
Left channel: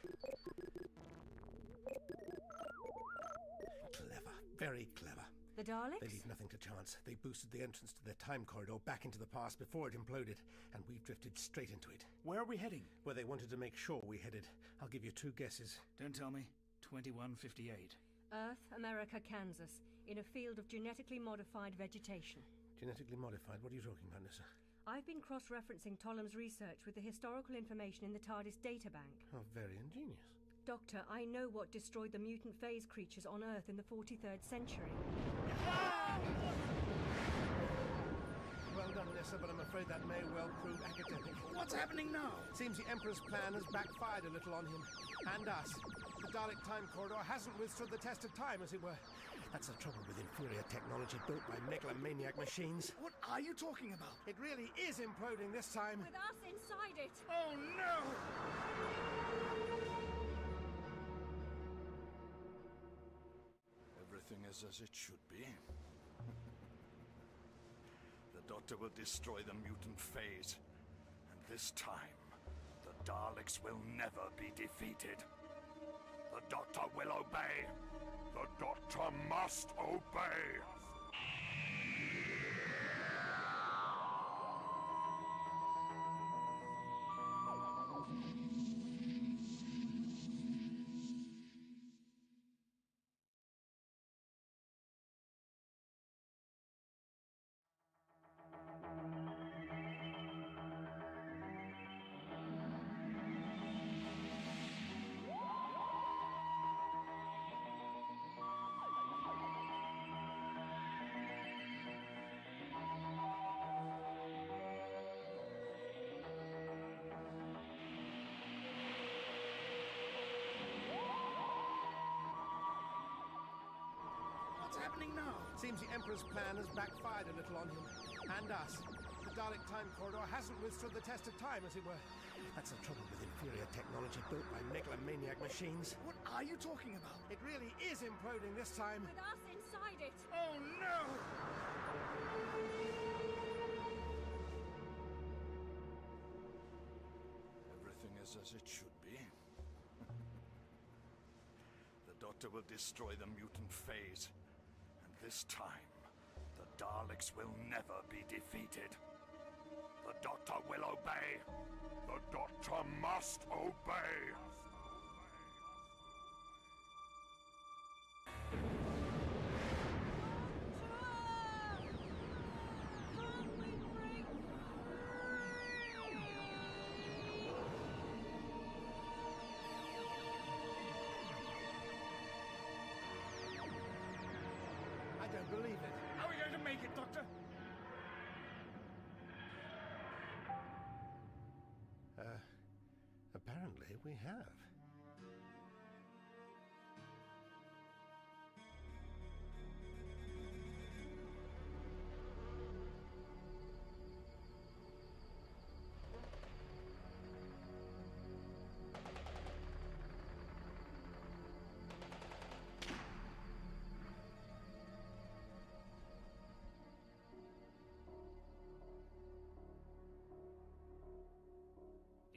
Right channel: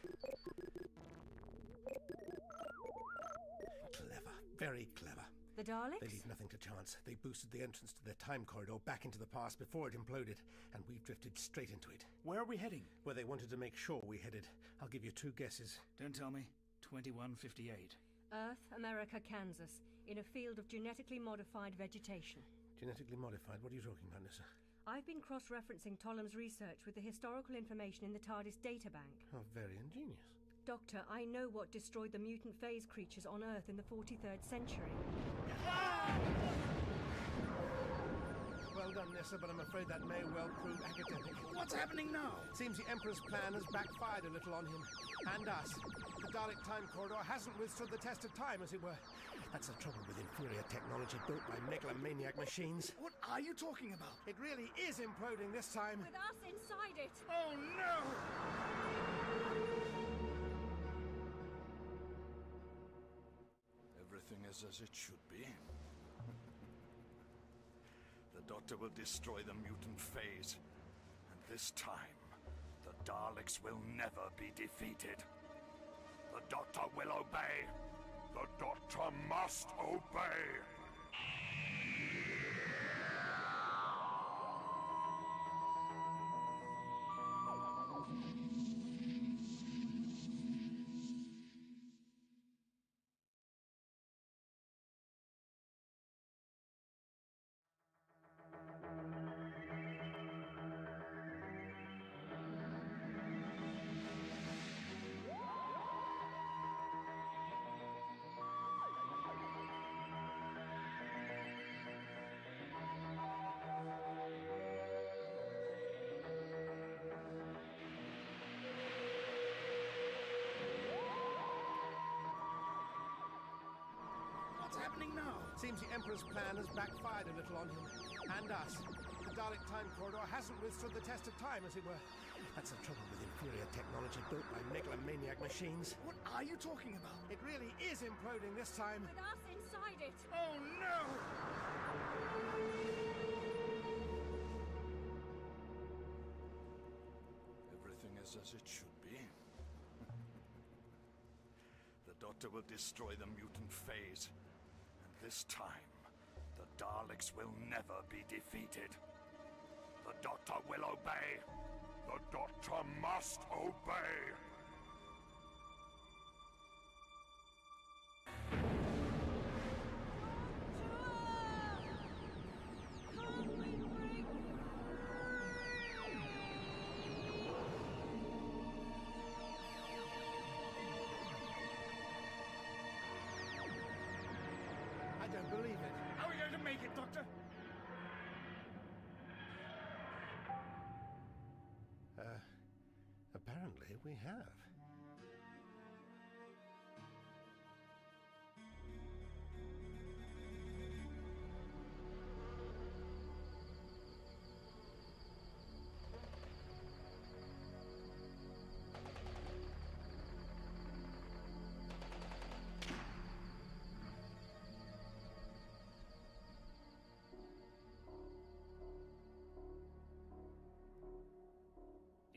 Clever. Very clever. The Daleks? They leave nothing to chance. They boosted the entrance to their time corridor back into the past before it imploded, and we've drifted straight into it. Where are we heading? Where they wanted to make sure we headed. I'll give you 2 guesses. Don't tell me. 2158. Earth, America, Kansas, in a field of genetically modified vegetation. Genetically modified? What are you talking about, Nissa? I've been cross-referencing Tollum's research with the historical information in the TARDIS databank. Oh, very ingenious. Doctor, I know what destroyed the mutant phase creatures on Earth in the 43rd century. Well done, Nissa, but I'm afraid that may well prove academic. What's happening now? Seems the Emperor's plan has backfired a little on him. And us. The Dalek time corridor hasn't withstood the test of time, as it were. That's the trouble with inferior technology built by megalomaniac machines. What are you talking about? It really is imploding this time. With us inside it. Oh, no! Everything is as it should be. The Doctor will destroy the mutant phase. And this time, the Daleks will never be defeated. The Doctor will obey. The Doctor must obey. What's happening now? Seems the Emperor's plan has backfired a little on him. And us. The Dalek time corridor hasn't withstood the test of time, as it were. That's the trouble with inferior technology built by megalomaniac machines. What are you talking about? It really is imploding this time. With us inside it. Oh, no! Everything is as it should be. The Doctor will destroy the mutant phase. And this time, the Daleks will never be defeated. The Doctor will obey. The Doctor must obey. I don't believe it. Are we going to make it, Doctor? Apparently we have.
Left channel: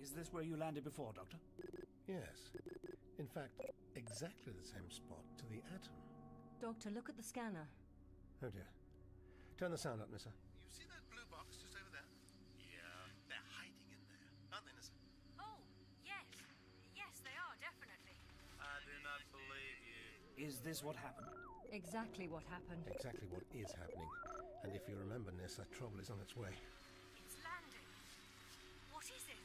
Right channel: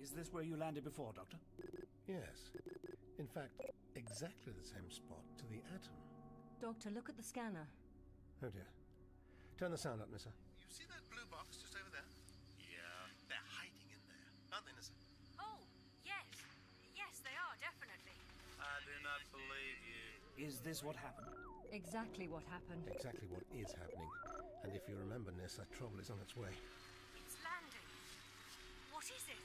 Is this where you landed before, Doctor? Yes. In fact, exactly the same spot to the atom. Doctor, look at the scanner. Oh dear. Turn the sound up, Nissa. You see that blue box just over there? Yeah, they're hiding in there, aren't they, Nissa? Oh, yes. Yes, they are, definitely. I do not believe you. Is this what happened? Exactly what happened. Exactly what is happening. And if you remember, Nissa, trouble is on its way. It's landing. What is it?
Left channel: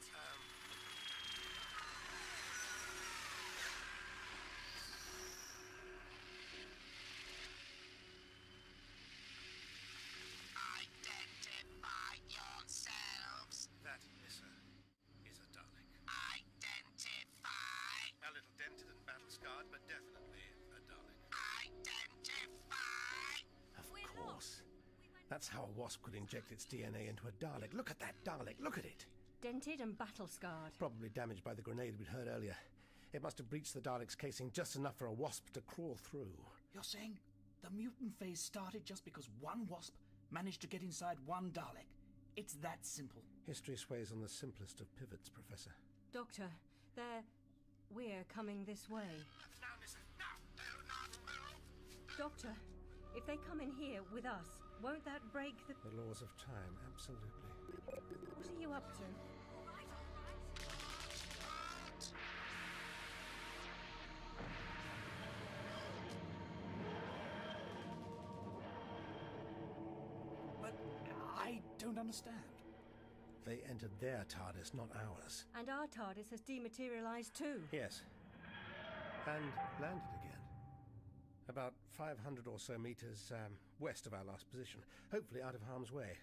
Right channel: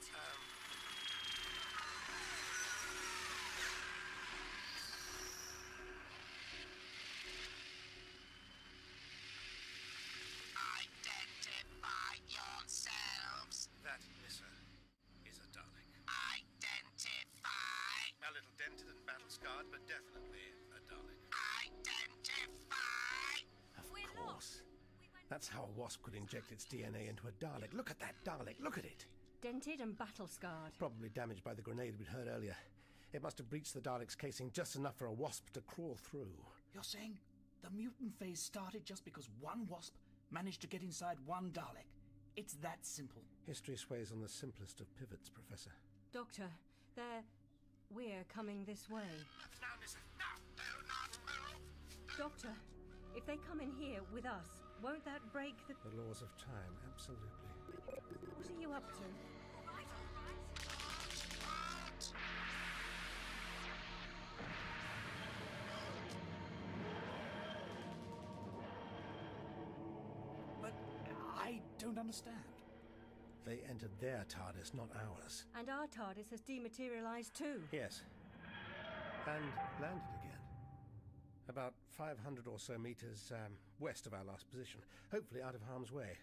That's how a wasp could inject its DNA into a Dalek. Look at that Dalek, look at it! Dented and battle-scarred. Probably damaged by the grenade we'd heard earlier. It must have breached the Dalek's casing just enough for a wasp to crawl through. You're saying the mutant phase started just because one wasp managed to get inside one Dalek? It's that simple. History sways on the simplest of pivots, Professor. Doctor, we're coming this way. Now listen, now, do not move! Doctor, if they come in here with us, won't that break the... The laws of time, absolutely. What are you up to? But I don't understand. They entered their TARDIS, not ours. And our TARDIS has dematerialized too. Yes. And landed again. About 500 or so meters west of our last position. Hopefully out of harm's way.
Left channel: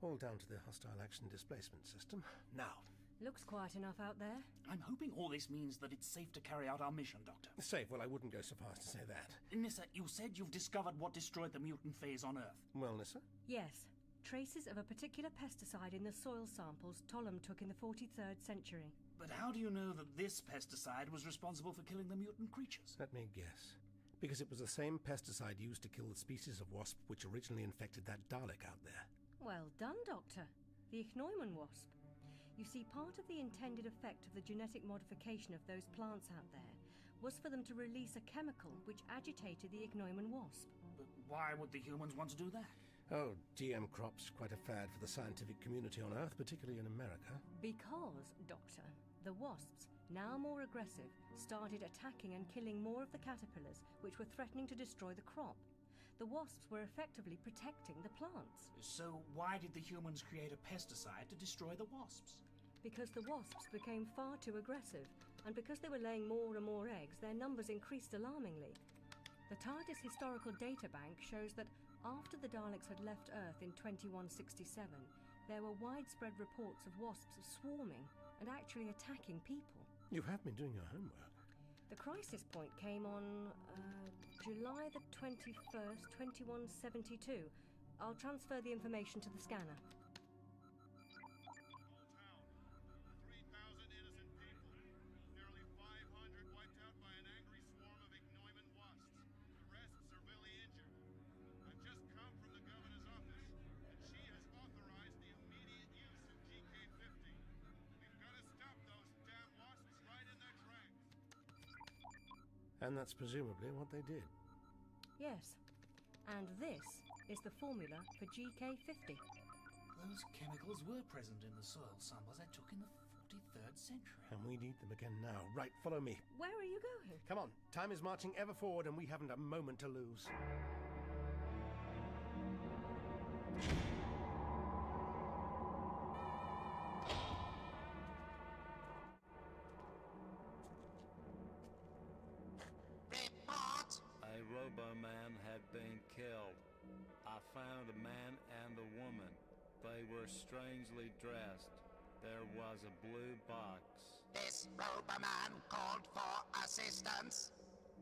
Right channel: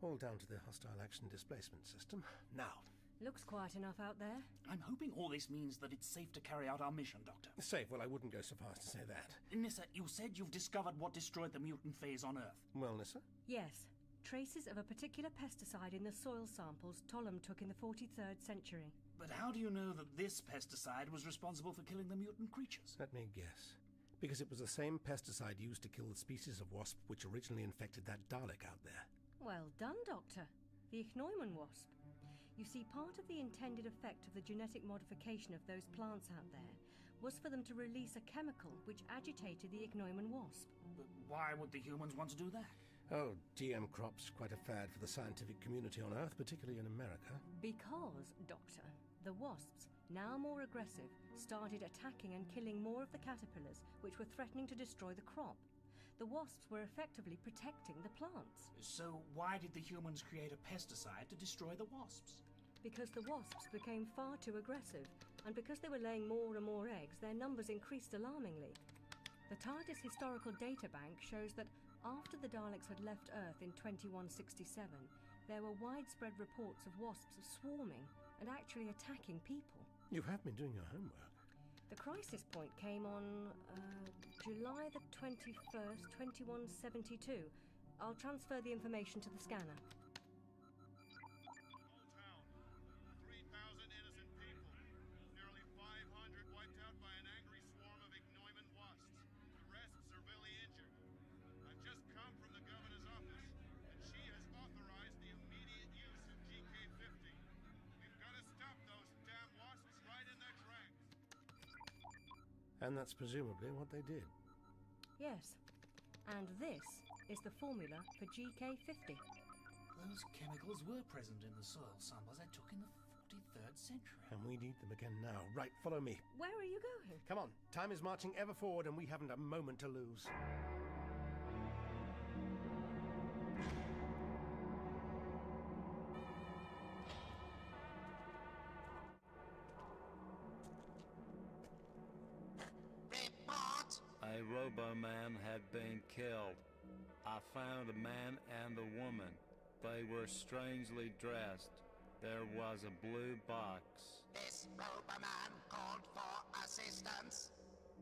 All down to the hostile action displacement system. Now. Looks quiet enough out there. I'm hoping all this means that it's safe to carry out our mission, Doctor. Safe? Well, I wouldn't go so far as to say that. Nissa, you said you've discovered what destroyed the mutant phase on Earth. Well, Nissa? Yes. Traces of a particular pesticide in the soil samples Tollum took in the 43rd century. But how do you know that this pesticide was responsible for killing the mutant creatures? Let me guess. Because it was the same pesticide used to kill the species of wasp which originally infected that Dalek out there. Well done, Doctor. The Ichneumon wasp. You see, part of the intended effect of the genetic modification of those plants out there was for them to release a chemical which agitated the Ichneumon wasp. But why would the humans want to do that? Oh, GM crops, quite a fad for the scientific community on Earth, particularly in America. Because, Doctor, the wasps, now more aggressive, started attacking and killing more of the caterpillars which were threatening to destroy the crop. The wasps were effectively protecting the plants. So why did the humans create a pesticide to destroy the wasps? Because the wasps became far too aggressive, and because they were laying more and more eggs, their numbers increased alarmingly. The TARDIS Historical Data Bank shows that after the Daleks had left Earth in 2167, there were widespread reports of wasps swarming and actually attacking people. You have been doing your homework. The crisis point came on July the 21st, 2172. I'll transfer the information to the scanner. And that's presumably what they did. Yes. And this is the formula for GK50. Those chemicals were present in the soil samples I took in the 43rd century. And we need them again now. Right, follow me. Where are you going? Come on. Time is marching ever forward and we haven't a moment to lose. A Robo-Man had been killed. I found a man and a woman. They were strangely dressed. There was a blue box. This Robo-Man called for assistance.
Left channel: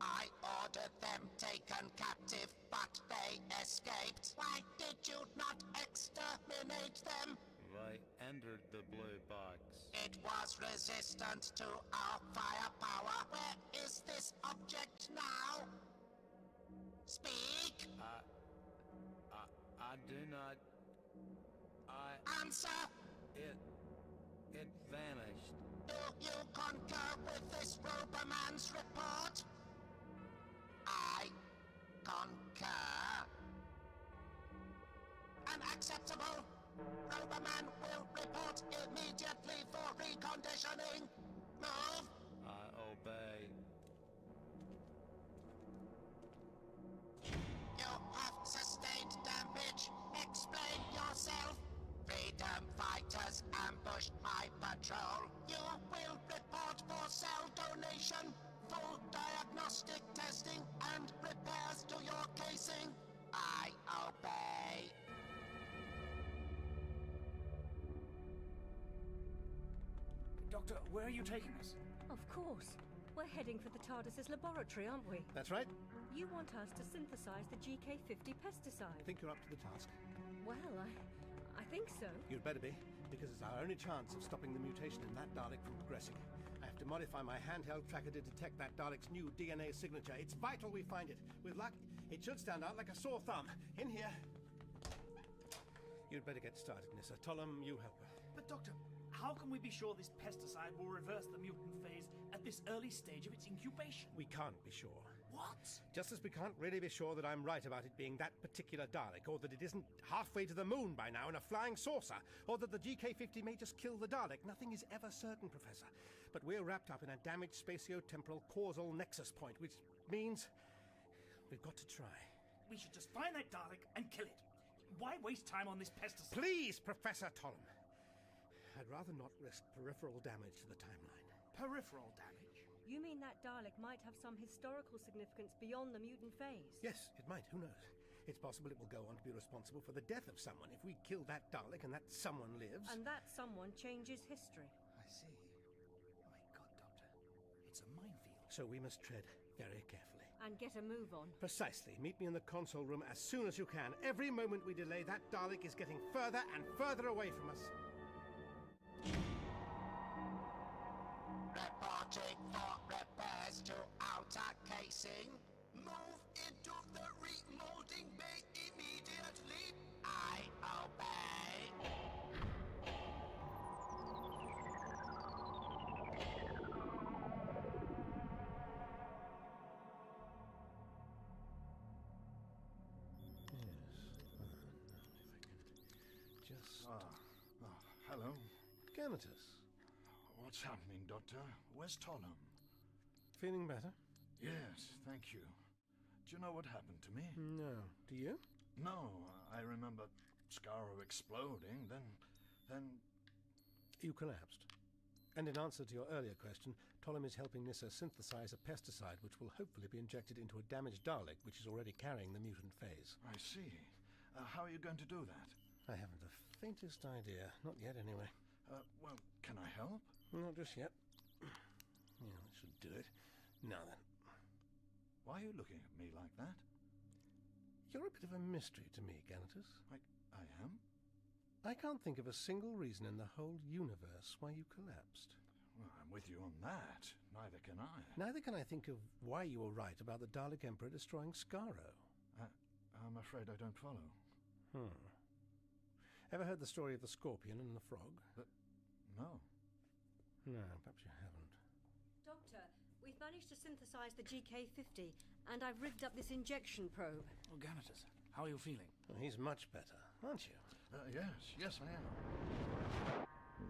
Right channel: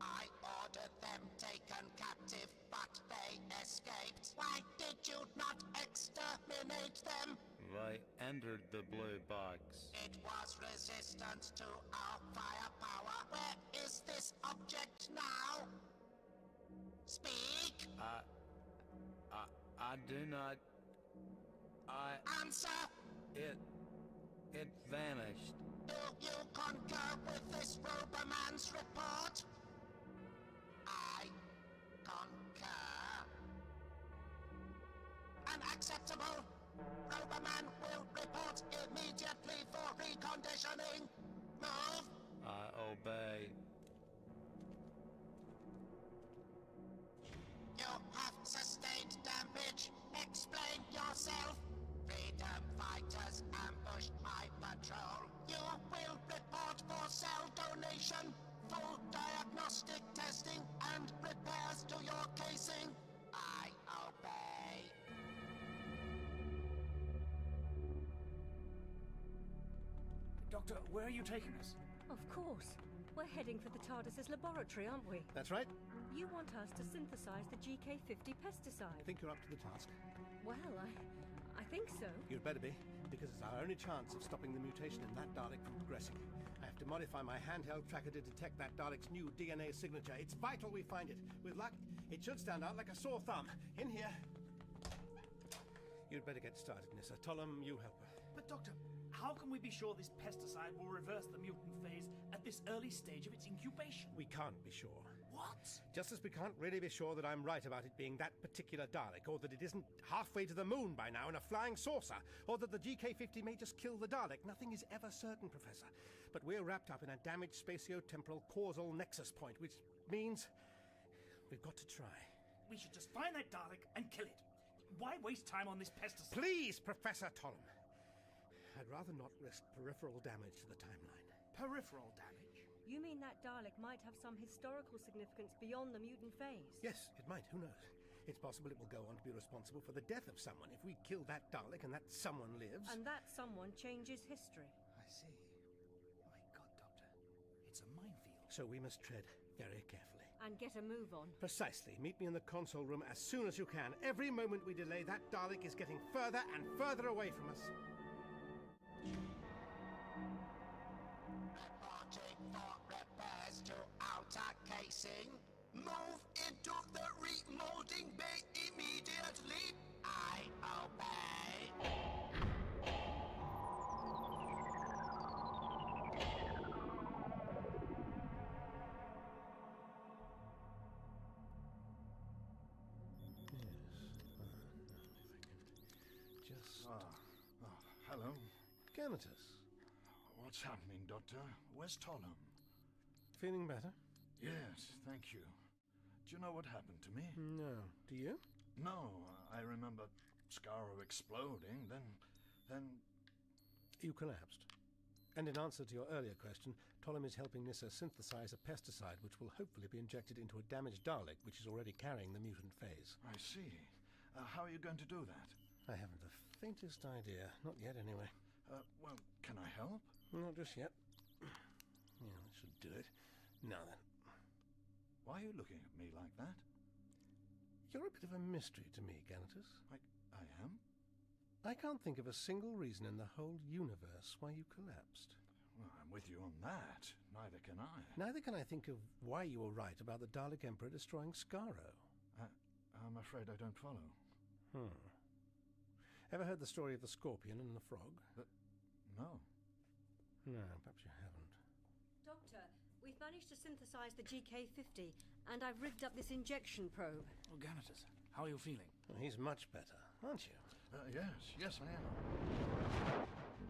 I ordered them taken captive, but they escaped. Why did you not exterminate them? They entered the blue box. It was resistant to our firepower. Where is this object now? Speak! I do not... Answer! It vanished. Do you concur with this Robo-Man's report? I concur. Unacceptable! Robo-Man will report immediately for reconditioning. Move! I obey. You have sustained damage. Explain yourself. Freedom fighters ambushed my patrol. You will report for cell donation, full diagnostic testing, and repairs to your casing. I obey. Doctor, where are you taking us? Of course. We're heading for the TARDIS's laboratory, aren't we? That's right. You want us to synthesize the GK50 pesticide? I think you're up to the task. Well, I think so. You'd better be, because it's our only chance of stopping the mutation in that Dalek from progressing. I have to modify my handheld tracker to detect that Dalek's new DNA signature. It's vital we find it. With luck, it should stand out like a sore thumb. In here. You'd better get started, Nissa. Tollum, you help her. But Doctor, how can we be sure this pesticide will reverse the mutant phase at this early stage of its incubation? We can't be sure. What? Just as we can't really be sure that I'm right about it being that particular Dalek, or that it isn't halfway to the moon by now in a flying saucer, or that the GK50 may just kill the Dalek. Nothing is ever certain, Professor. But we're wrapped up in a damaged spatio-temporal causal nexus point, which means we've got to try. We should just find that Dalek and kill it. Why waste time on this pesticide? Please, Professor Tollum. I'd rather not risk peripheral damage to the timeline. Peripheral damage? You mean that Dalek might have some historical significance beyond the mutant phase? Yes, it might. Who knows? It's possible it will go on to be responsible for the death of someone if we kill that Dalek and that someone lives. And that someone changes history. I see. My God, Doctor. It's a minefield. So we must tread very carefully. And get a move on. Precisely. Meet me in the console room as soon as you can. Every moment we delay, that Dalek is getting further and further away from us. Reporting for repairs to outer casing. Move into the remolding bay immediately. I obey. Hello. Ganatus. What's happening, Doctor? Where's Tollum? Feeling better? Yes, thank you. Do you know what happened to me? No. Do you? No, I remember Skaro exploding, then... You collapsed. And in answer to your earlier question, Tollum is helping Nissa synthesize a pesticide which will hopefully be injected into a damaged Dalek which is already carrying the mutant phase. I see. How are you going to do that? I haven't the faintest idea. Not yet, anyway. Well, can I help? Not just yet. Yeah, that should do it. Now then. Why are you looking at me like that? You're a bit of a mystery to me, Ganatus. I am? I can't think of a single reason in the whole universe why you collapsed. Well, I'm with you on that. Neither can I. Neither can I think of why you were right about the Dalek Emperor destroying Skaro. I'm afraid I don't follow. Ever heard the story of the scorpion and the frog? No. No, perhaps you haven't. Doctor, we've managed to synthesize the GK50, and I've rigged up this injection probe. Oh, Ganatus, how are you feeling? Well, he's much better, aren't you? Yes, I am.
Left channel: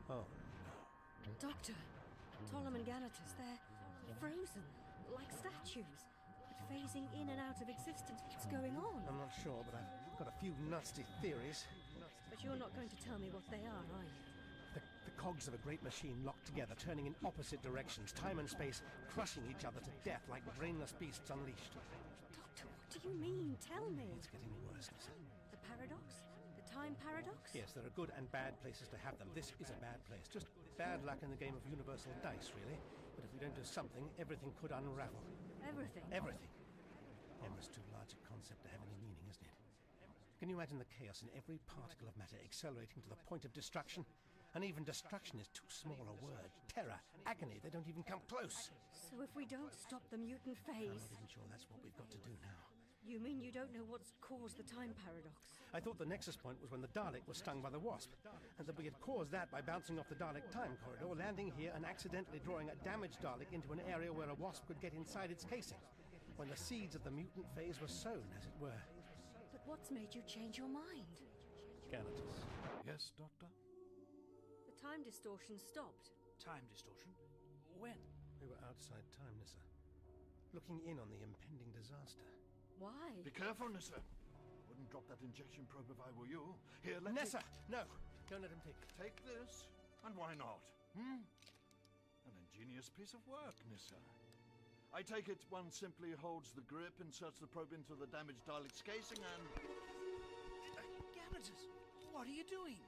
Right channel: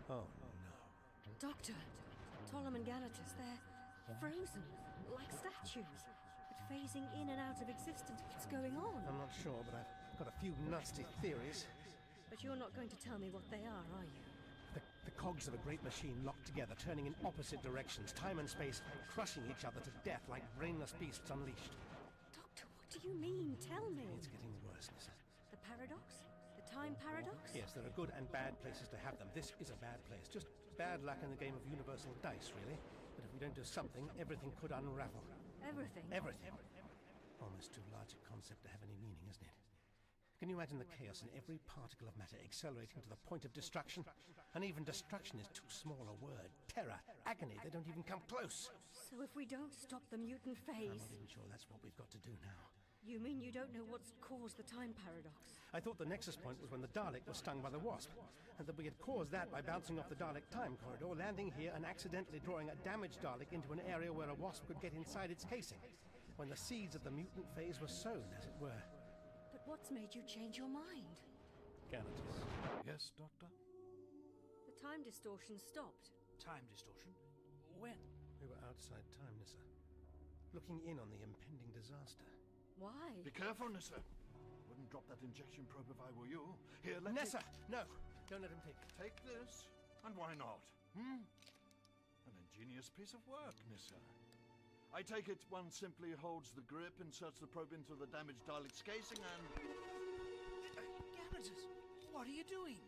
Oh, no. Doctor, Tollum and Ganatus, they're frozen, like statues, but phasing in and out of existence. What's going on? I'm not sure, but I've got a few nasty theories. But you're not going to tell me what they are you? The cogs of a great machine locked together, turning in opposite directions, time and space, crushing each other to death like brainless beasts unleashed. Doctor, what do you mean? Tell me. It's getting worse, Nissa. The paradox? The time paradox? Yes, there are good and bad places to have them. This is a bad place. Just bad luck in the game of universal dice, really. But if we don't do something, everything could unravel. Everything? Everything. Almost too large a concept to have any meaning, isn't it? Can you imagine the chaos in every particle of matter accelerating to the point of destruction? And even destruction is too small a word. Terror, agony, they don't even come close. So if we don't stop the mutant phase... I'm not even sure that's what we've got to do now. You mean you don't know what's caused the time paradox? I thought the nexus point was when the Dalek was stung by the wasp, and that we had caused that by bouncing off the Dalek time corridor, landing here and accidentally drawing a damaged Dalek into an area where a wasp could get inside its casing, when the seeds of the mutant phase were sown, as it were. But what's made you change your mind? Ganatus. Yes, Doctor? The time distortion stopped. Time distortion? When? We were outside time, Nissa. Looking in on the impending disaster. Why? Be careful, Nissa. Wouldn't drop that injection probe if I were you. Here, let Nissa! No! Don't let him take it. Take this? And why not? An ingenious piece of work, Nissa. I take it one simply holds the grip, inserts the probe into the damaged Dalek's casing, and... Ganatus, what are you doing?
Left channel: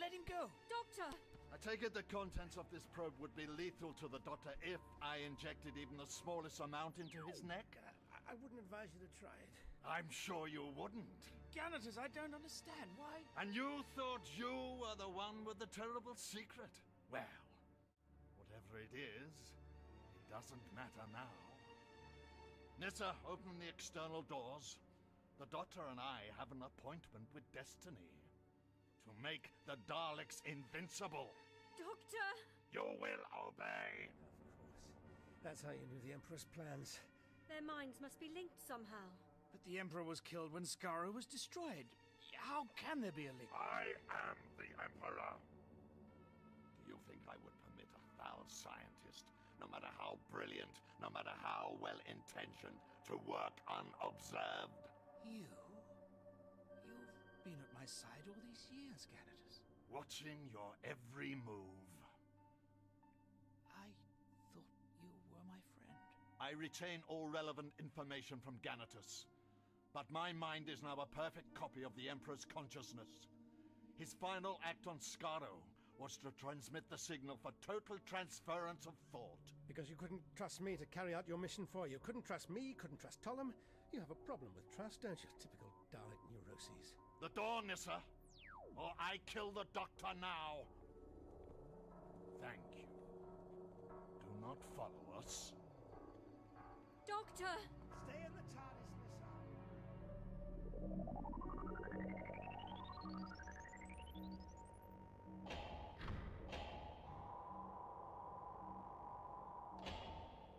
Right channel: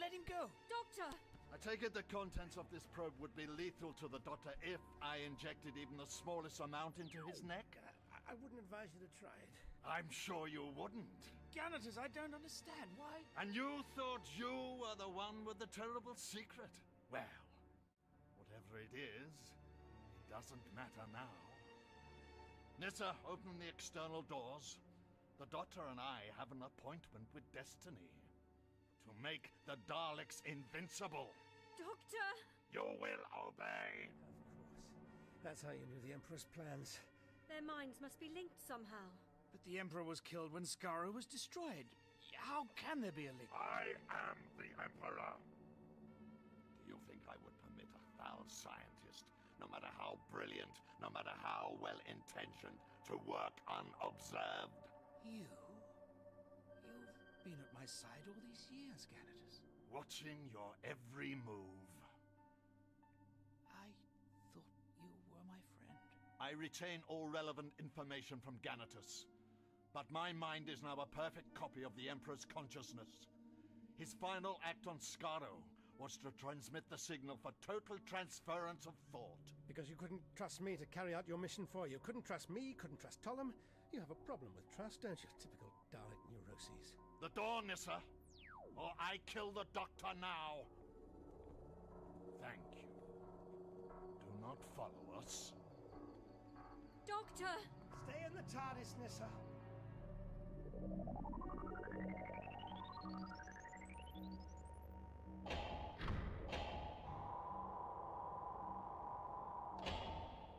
Let him go. Doctor! I take it the contents of this probe would be lethal to the Doctor if I injected even the smallest amount into his neck? I wouldn't advise you to try it. I'm sure you wouldn't. Ganatus, I don't understand. Why? And you thought you were the one with the terrible secret? Well, whatever it is, it doesn't matter now. Nissa, open the external doors. The Doctor and I have an appointment with Destiny. To make the Daleks invincible. Doctor! You will obey! Of course. That's how you knew the Emperor's plans. Their minds must be linked somehow. But the Emperor was killed when Skaro was destroyed. How can there be a link? I am the Emperor. Do you think I would permit a foul scientist, no matter how brilliant, no matter how well-intentioned, to work unobserved? You've been at my side all these years, Ganatus. Watching your every move. I thought you were my friend. I retain all relevant information from Ganatus. But my mind is now a perfect copy of the Emperor's consciousness. His final act on Skaro was to transmit the signal for total transference of thought. Because you couldn't trust me to carry out your mission for you. Couldn't trust me, couldn't trust Tollem. You have a problem with trust, don't you? Typical Dalek neuroses. The door, Nissa, or I kill the Doctor now. Thank you. Do not follow us. Doctor! Stay in the TARDIS, Nissa.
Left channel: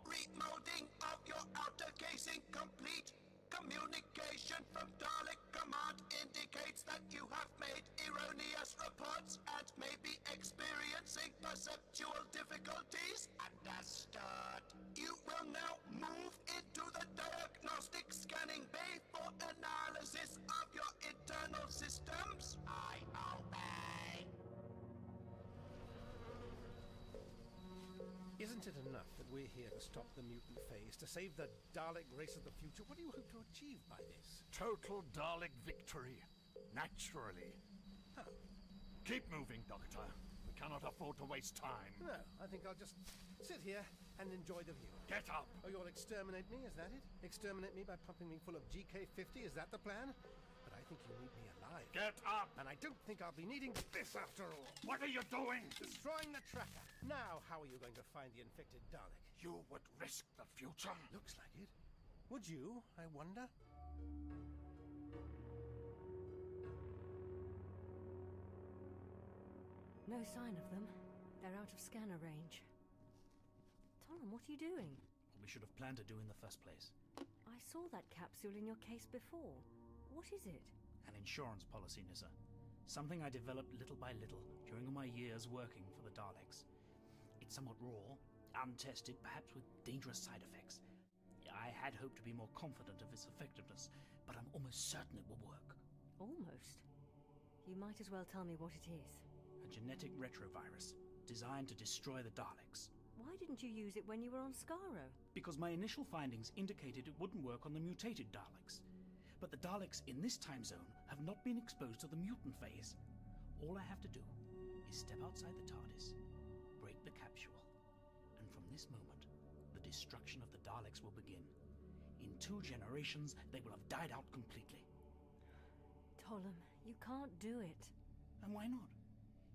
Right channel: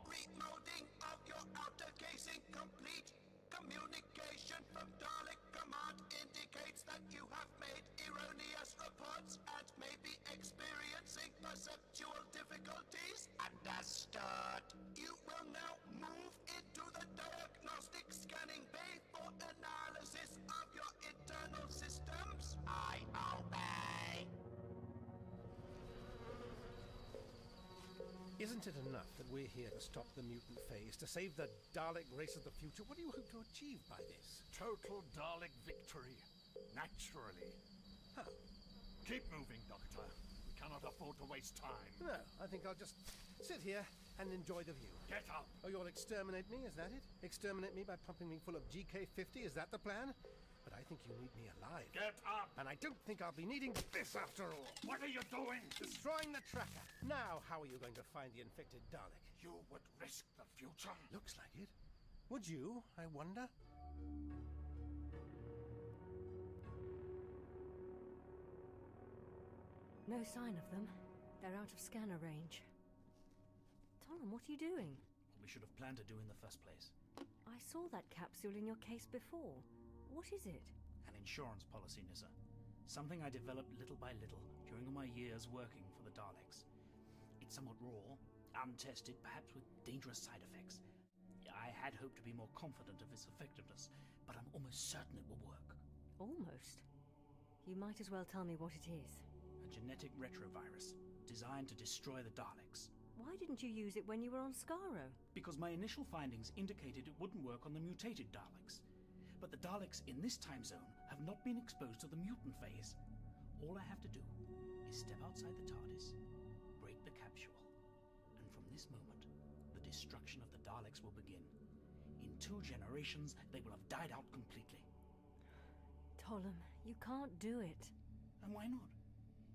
Remolding of your outer casing complete. Communication from Dalek Command indicates that you have made erroneous reports and may be experiencing perceptual difficulties. Understood. You will now move into the diagnostic scanning bay for analysis of your internal systems. I obey. Isn't it enough that we're here to stop the mutant phase, to save the Dalek race of the future? What do you hope to achieve by this? Total Dalek victory. Naturally. How? Keep moving, Doctor. We cannot afford to waste time. No, I think I'll just sit here and enjoy the view. Get up! Oh, you'll exterminate me, is that it? Exterminate me by pumping me full of GK-50, is that the plan? But I think you need me alive. Get up! And I don't think I'll be needing this after all. What are you doing? Destroying the tracker. Now, how are you going to find the infected Dalek? You would risk the future? Looks like it. Would you, I wonder? No sign of them. They're out of scanner range. Tollem, what are you doing? What we should have planned to do in the first place. I saw that capsule in your case before. What is it? An insurance policy, Nissa. Something I developed little by little during my years working for the Daleks. It's somewhat raw, untested, perhaps with dangerous side effects. I had hoped to be more confident of its effectiveness, but I'm almost certain it will work. Almost. You might as well tell me what it is. A genetic retrovirus designed to destroy the Daleks. Why didn't you use it when you were on Skaro? Because my initial findings indicated it wouldn't work on the mutated Daleks. But the Daleks in this time zone have not been exposed to the mutant phase. All I have to do is step outside the TARDIS, break the capsule, and from this moment, the destruction of the Daleks will begin. In 2 generations, they will have died out completely. Tollem, you can't do it. And why not?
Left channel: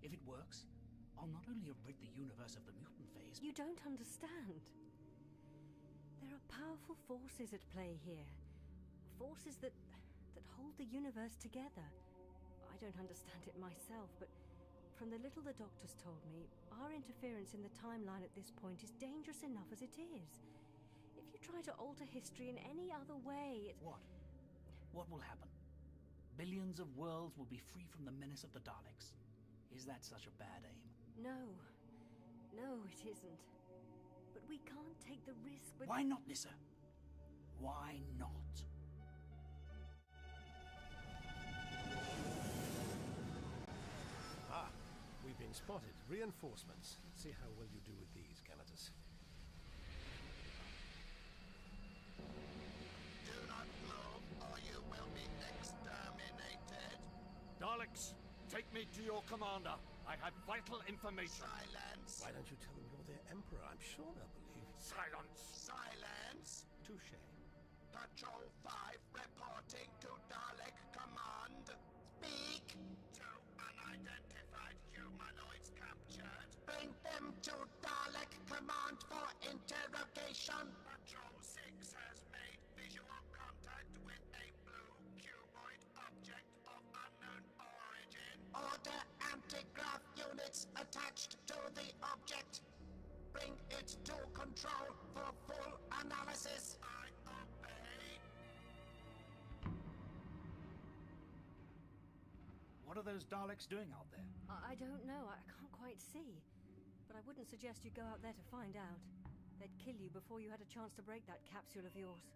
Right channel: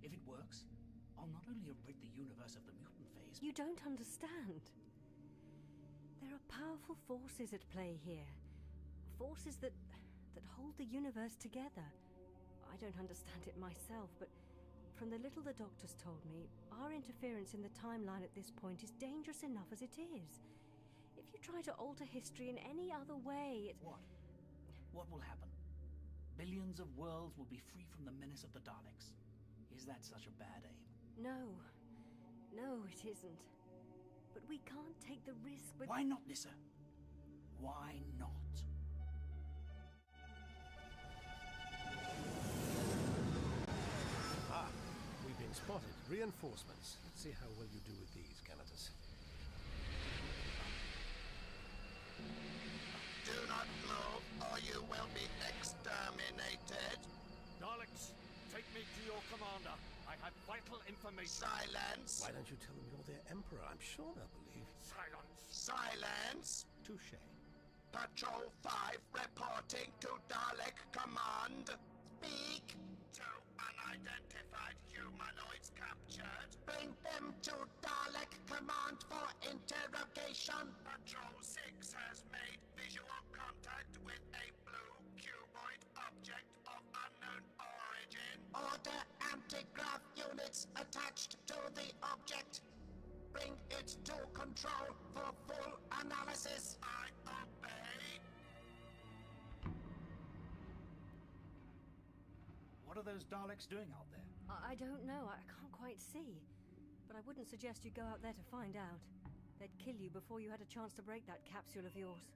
If it works, I'll not only have rid the universe of the mutant phase... You don't understand. There are powerful forces at play here. Forces that hold the universe together. I don't understand it myself, but from the little the doctors told me, our interference in the timeline at this point is dangerous enough as it is. If you try to alter history in any other way, it's... What? What will happen? Billions of worlds will be free from the menace of the Daleks. Is that such a bad aim? No. No, it isn't. But we can't take the risk with... Why not, Nissa? Why not? We've been spotted. Reinforcements. Let's see how well you do with these, Ganatus. Do not move, or you will be exterminated. Daleks, take me to your commander. I have vital information. Silence. Why don't you tell them you're their emperor? I'm sure they'll believe. Silence. Silence. Touché. Patrol 5 reporting to Dalek Command. Speak. 2 unidentified humanoids captured. Bring them to Dalek Command for interrogation. Patrol 6 has made visual contact with a blue cuboid object of unknown origin. Order anti-grav units attached to the object. Bring it to control for full analysis. I obey. What are those Daleks doing out there? I don't know. I can't quite see. But I wouldn't suggest you go out there to find out. They'd kill you before you had a chance to break that capsule of yours.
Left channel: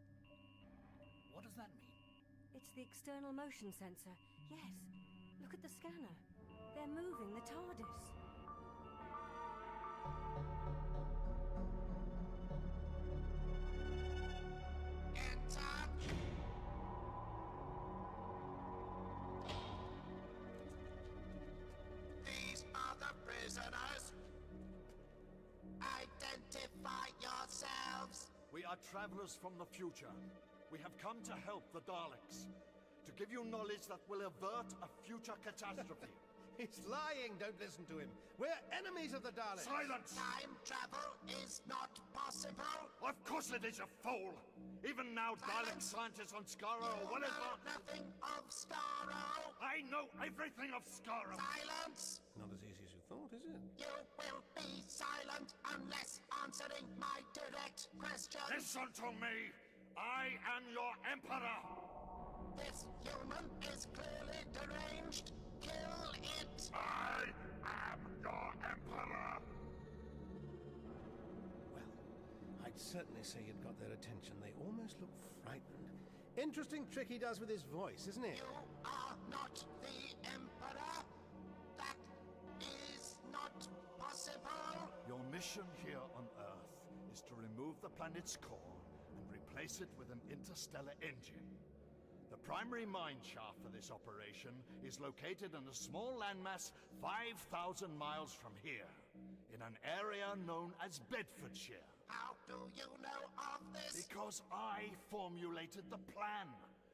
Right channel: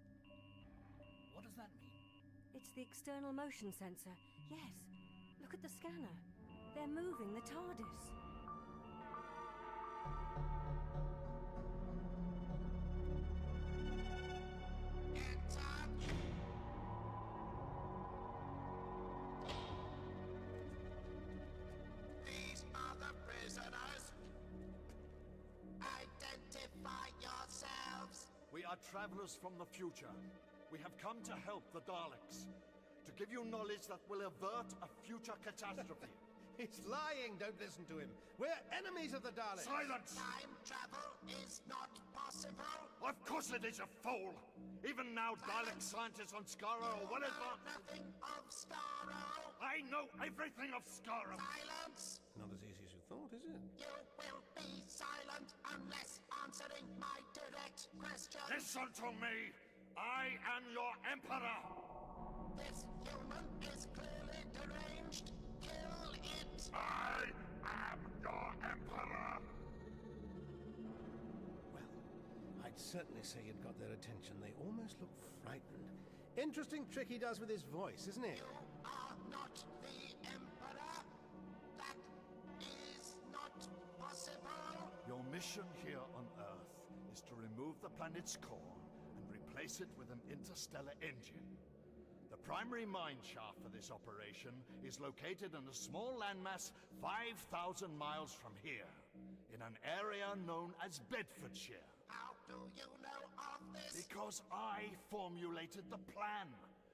What does that mean? It's the external motion sensor. Yes. Look at the scanner. They're moving the TARDIS. These are the prisoners. Identify yourselves. We are travelers from the future. We have come to help the Daleks. To give you knowledge that will avert a future catastrophe. He's lying, don't listen to him. We're enemies of the Daleks. Silence! Time travel is not possible. Of course it is, you fool! Even now, Dalek scientists on Skaro are well advanced. Nothing of Skaro. I know everything of Skaro. Silence. Not as easy as you thought, is it? You will be silent unless answering my direct questions. Listen to me! I am your Emperor! This human is clearly deranged. Kill it! I am your Emperor! Well, I'd certainly say you'd got their attention. They almost look frightened. Interesting trick he does with his voice, isn't it? You are not the Emperor. That is not possible. Your mission here on Earth is to remove the planet's core and replace it with an interstellar engine. The primary mine shaft for this operation is located in a small landmass 5,000 miles from here, in an area known as Bedfordshire. How do you know of this? Because I formulated the plan.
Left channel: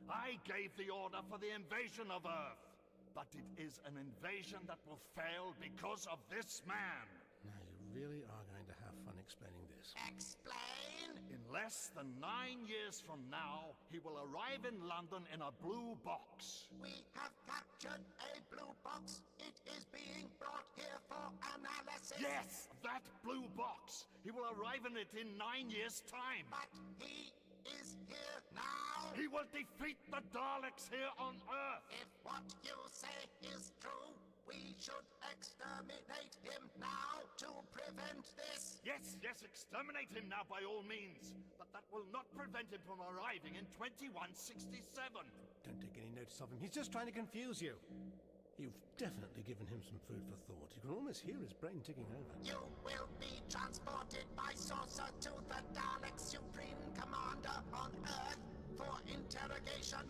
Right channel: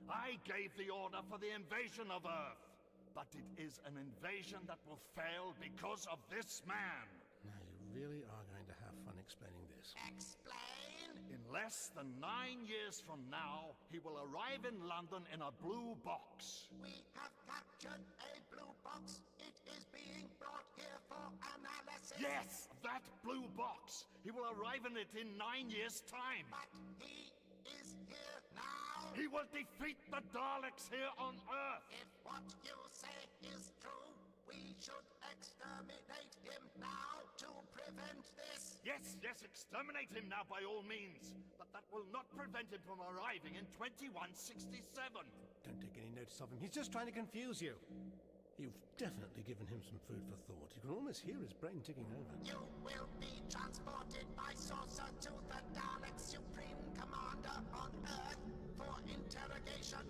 I gave the order for the invasion of Earth. But it is an invasion that will fail because of this man. Now, you really are going to have fun explaining this. Explain? In less than 9 years from now, he will arrive in London in a blue box. We have captured a blue box. It is being brought here for analysis. Yes, that blue box. He will arrive in it in 9 years' time. But he is here now. He will defeat the Daleks here on Earth. If what you say is true, we should exterminate him now to prevent this. Yes, exterminate him now by all means. But that will not prevent him from arriving in 2167. Don't take any notice of him. He's just trying to confuse you. You've definitely given him some food for thought. You can almost hear his brain ticking over. You will be transported by saucer to the Dalek Supreme Commander on Earth for interrogation.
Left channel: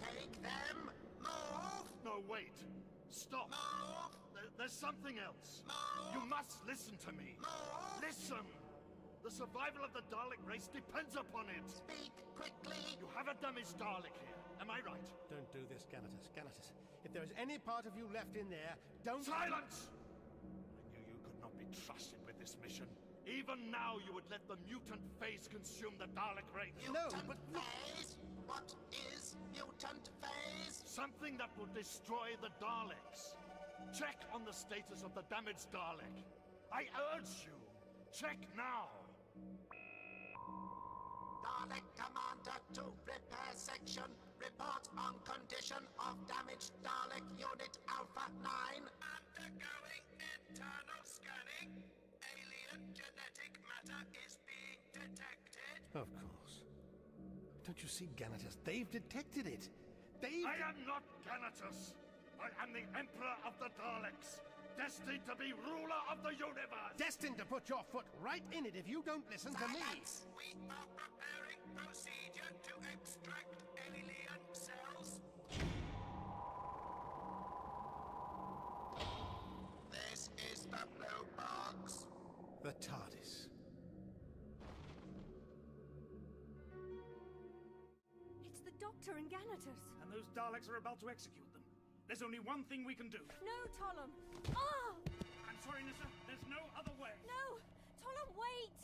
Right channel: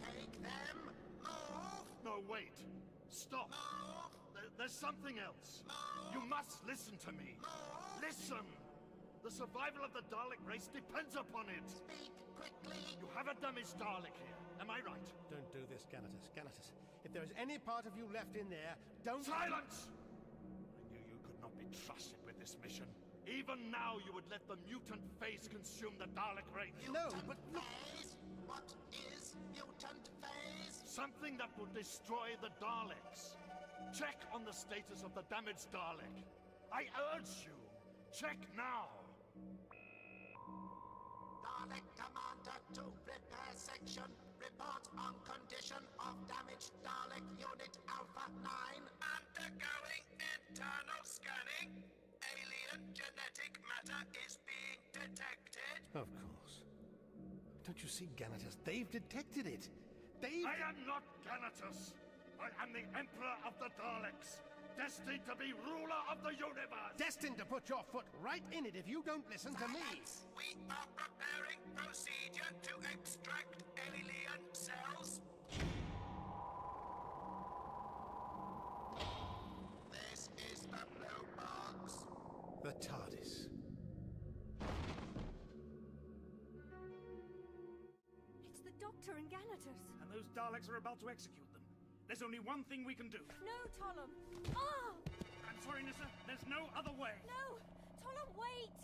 Take them. Move. No, wait. Stop. Move. There's something else. Move. You must listen to me. Move. Listen. The survival of the Dalek race depends upon it. Speak quickly. You have a damaged Dalek here. Am I right? Don't do this, Ganatus. Ganatus, if there is any part of you left in there, don't... Silence! I knew you could not be trusted with this mission. Even now, you would let the mutant phase consume the Dalek race. Mutant phase? What is mutant phase? Something that will destroy the Daleks. Check on the status of the damaged Dalek. I urge you, check now. Dalek Commander to repair section. Report on condition of damaged Dalek Unit Alpha 9. Undergoing internal scanning. Alien genetic matter is being detected. Of course. Don't you see, Ganatus? They've detected it. I am not Ganatus. I am the Emperor of the Daleks. Destined to be ruler of the universe! Destined to put your foot right in it if you don't listen to me! We are preparing procedure to extract alien cells. This is the blue box. The TARDIS. Doctor and Ganatus. And those Daleks are about to execute them. There's only one thing we can do. No, Tollum! Ah! I'm sorry, Nissa. There's no other way. No! Tollum, wait!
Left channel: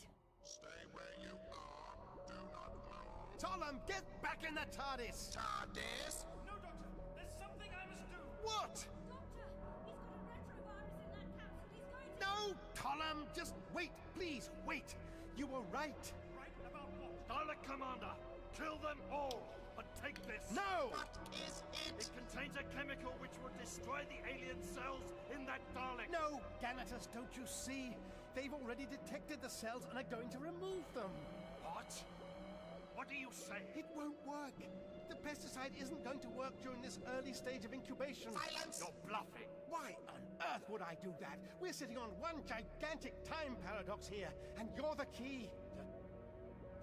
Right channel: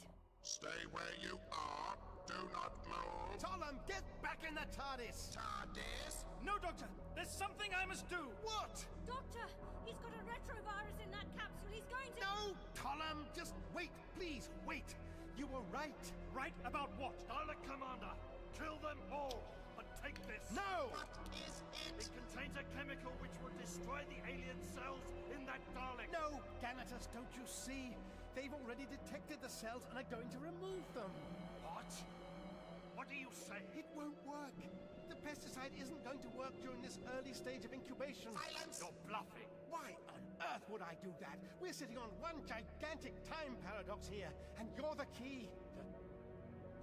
Stay where you are. Do not move. Tollum, get back in the TARDIS! TARDIS? No, Doctor. There's something I must do. What? Doctor, he's got a retrovirus in that capsule. He's going to... No, Tollum, just wait, please, wait. You were right. Right about what? Dalek Commander, kill them all, but take this. No! What is it? It contains a chemical which will destroy the alien cells in that Dalek. No, Ganatus, don't you see? They've already detected the cells and are going to remove them. What? What are you saying? It won't work. The pesticide isn't going to work during this early stage of incubation. Silence! You're bluffing. Why on earth would I do that? We're sitting on one gigantic time paradox here, and you're the key.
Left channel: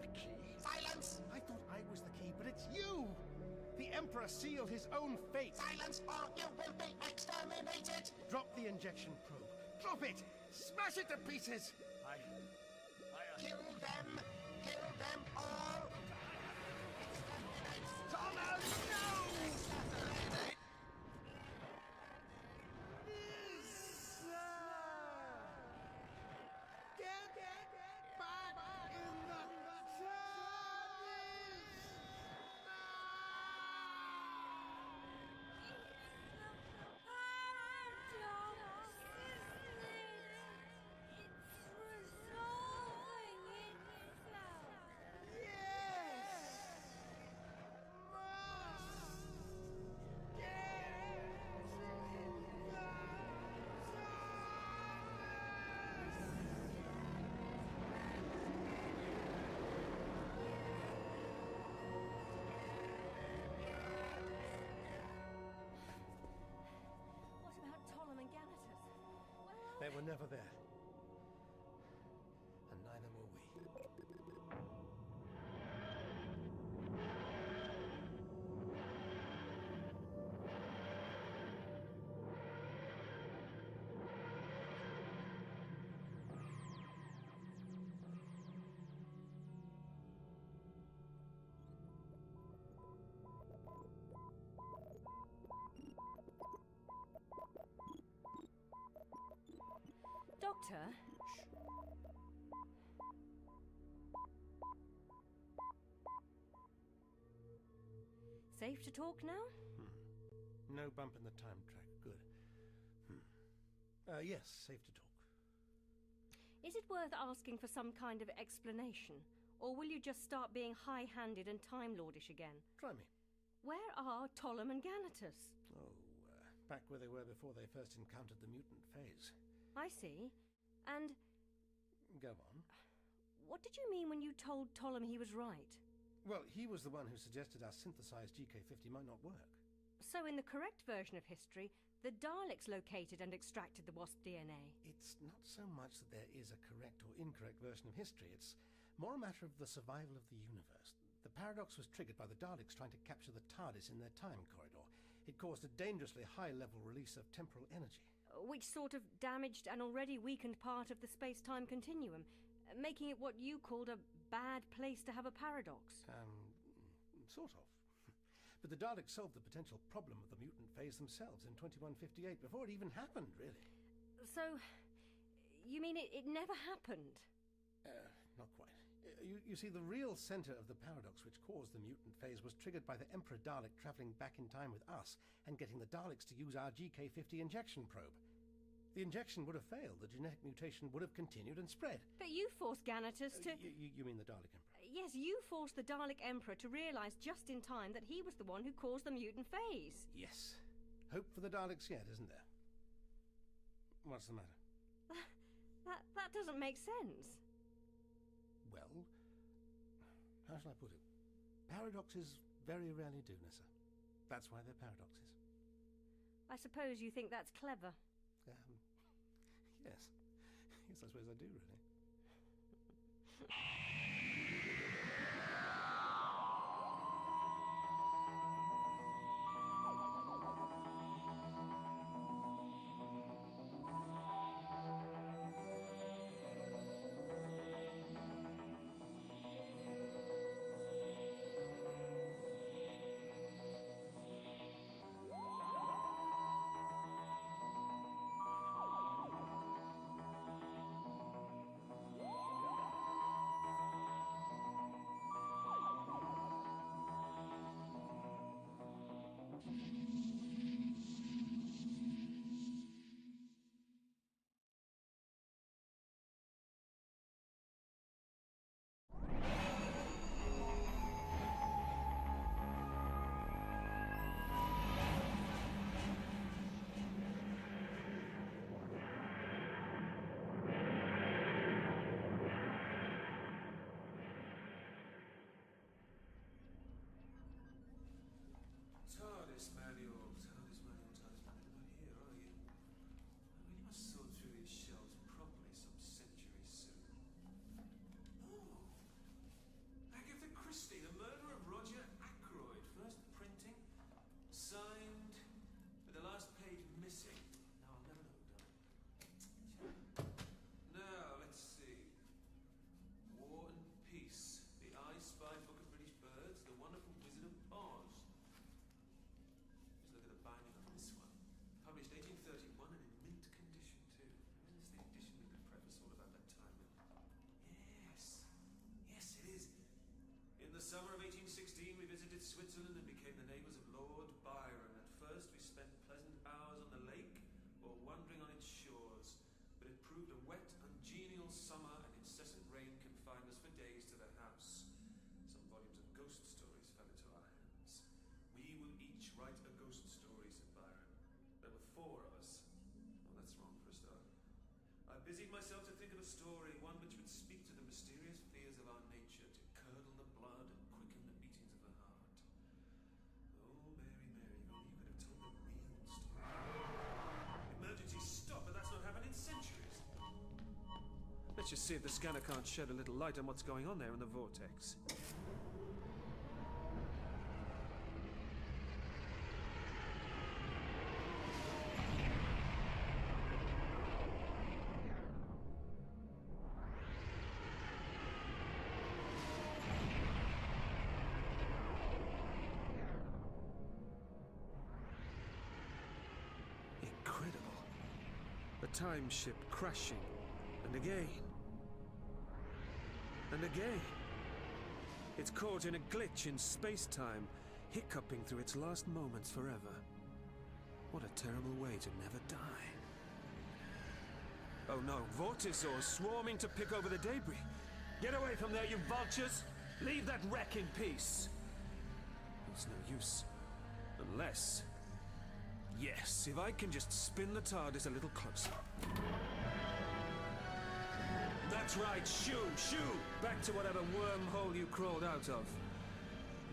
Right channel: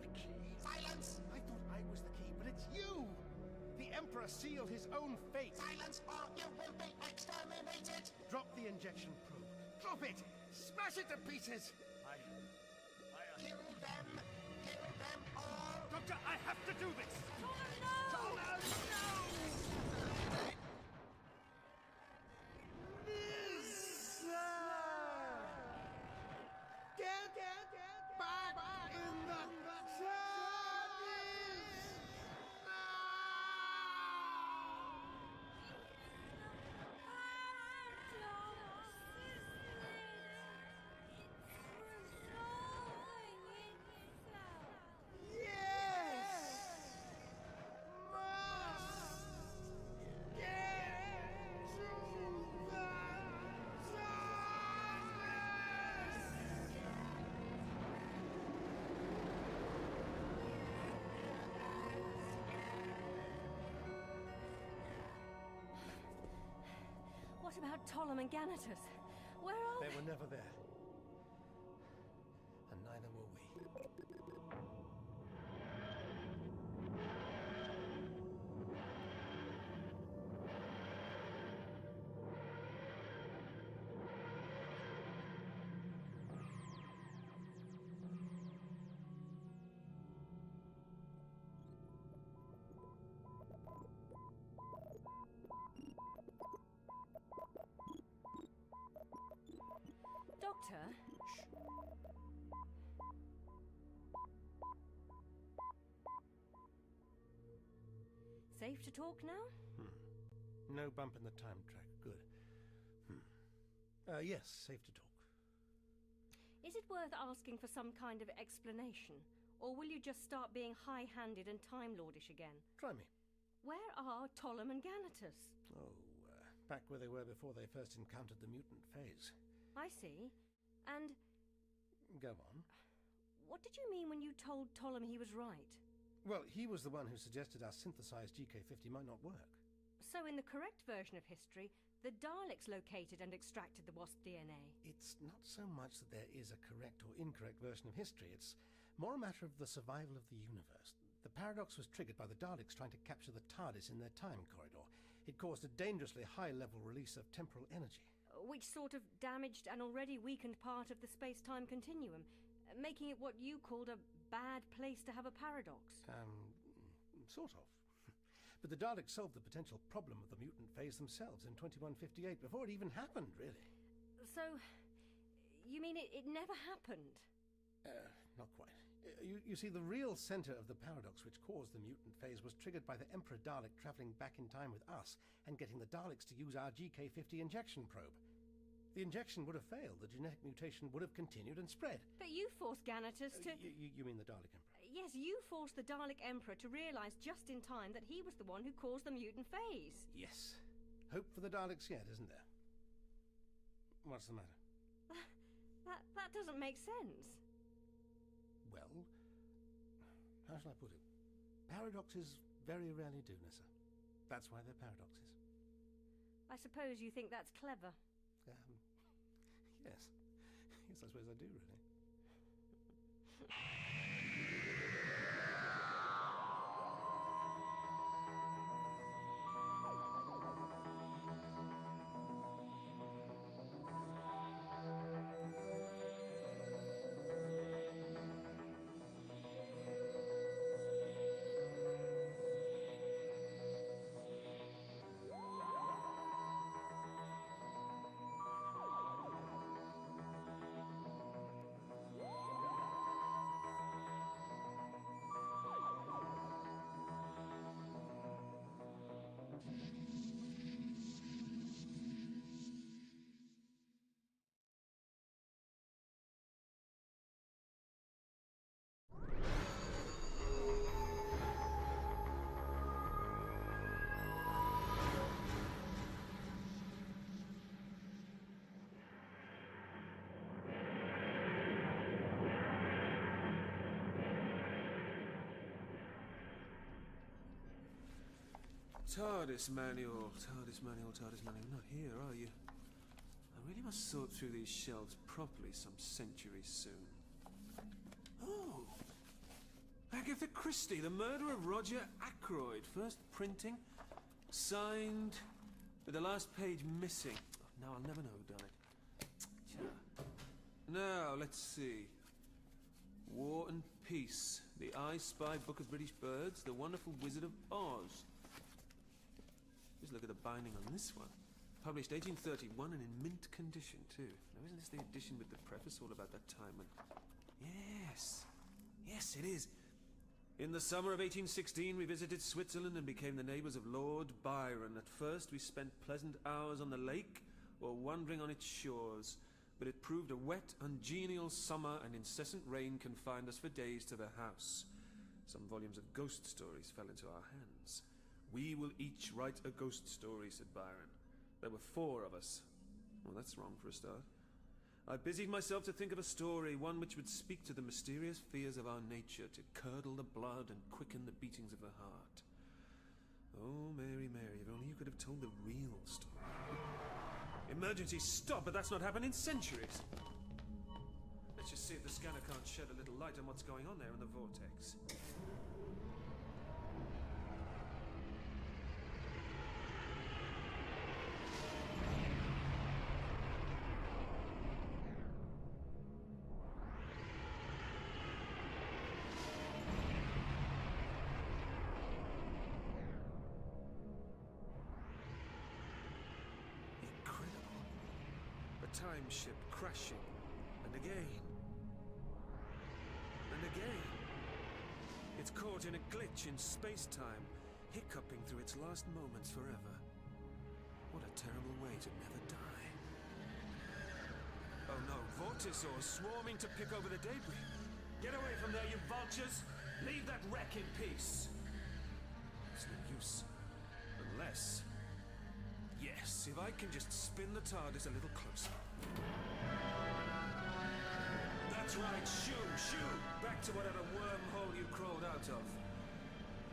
The key? Silence! I thought I was the key, but it's you! The Emperor sealed his own fate. Silence or you will be exterminated! Drop the injection probe. Drop it! Smash it to pieces! Kill them! Kill them all! Doctor, I have to do this! Thomas, no! Get back in the TARDIS! What about Tollum and Ganatus? Where are They were never there. And neither were we. Doctor? Safe to talk now? No bump in the time track. Good. Yes, safe to talk. Is it worth asking for some kind of explanation? Or will you just start being high-handed and Time Lordish again? Try me. Where are Tollum and Ganatus? Oh, back where they were before they first encountered the mutant phase. I see. And Go on. what did you mean when you told Tollum he was right? Well, he was the one who suggested our synthesized GK50 might not work. So in the correct version of history, the Daleks located and extracted the wasp DNA. It's not so much that there is a correct or incorrect version of history. It's more a matter of the survival of the universe. The paradox was triggered by the Daleks trying to capture the TARDIS in their time corridor. It caused a dangerously high-level release of temporal energy. Which sort of damaged an already weakened part of the space-time continuum, making it what you called a bad place to have a paradox. Sort of. But the Daleks solved the potential problem of the mutant phase themselves in 2158 before it even happened, really. So, you mean it never happened? Not quite. You see, the real center of the paradox which caused the mutant phase was triggered by the Emperor Dalek traveling back in time with us and getting the Daleks to use our GK50 injection probe. The injection would have failed. The genetic mutation would have continued and spread. But you forced Ganatus to... You mean the Dalek Emperor? Yes, you forced the Dalek Emperor to realize just in time that he was the one who caused the mutant phase. Yes. Hope for the Daleks yet, isn't there? What's the matter? That doesn't make sense. Well, how shall I put it? Paradoxes very rarely do, Nissa. That's why they're paradoxes. I suppose you think that's clever. Yes. Yes, I suppose I do, really. TARDIS manual. Not here, are you? I really must sort through these shelves properly some centuries soon. Oh! Agatha Christie, the murder of Roger Ackroyd. First printing, signed, with the last page missing. Now I'll never know who done it. Now, let's see. War and Peace. The I Spy Book of British Birds. The Wonderful Wizard of Oz. Just look at the binding on this one. Published 1831 and in mint condition, too. Now, isn't this the edition with the preface all about that time when... Yes. Yes, it is. In the summer of 1816, we visited Switzerland and became the neighbours of Lord Byron. At first, we spent pleasant hours on the lake or wandering on its shores. But it proved a wet, ungenial summer, and incessant rain confined us for days to the house. Some volumes of ghost stories fell into our hands. We will each write a ghost story, said Byron. There were 4 of us. Well, that's wrong for a start. I busied myself to think of a story, one which would speak to the mysterious fears of our nature, to curdle the blood and quicken the beatings of the heart. Oh, Mary, Mary, if only you could have told the real story. Emergency stop, but that's not happened in centuries. Let's just see if the scanner can't shed a little light on what's going on there in the vortex. Time ship crashing, and again, and again. It's caught in a glitch in space-time, hiccuping through its last moments forever. What a terrible way to never die. Oh no, vortisaurs swarming to pick over the debris. Get away from there, you vultures! Leave that wreck in peace! It's no use. Unless... Yes, if I can just spin the TARDIS a little closer. That's right, shoo, shoo! Back to whatever wormhole you crawled out of.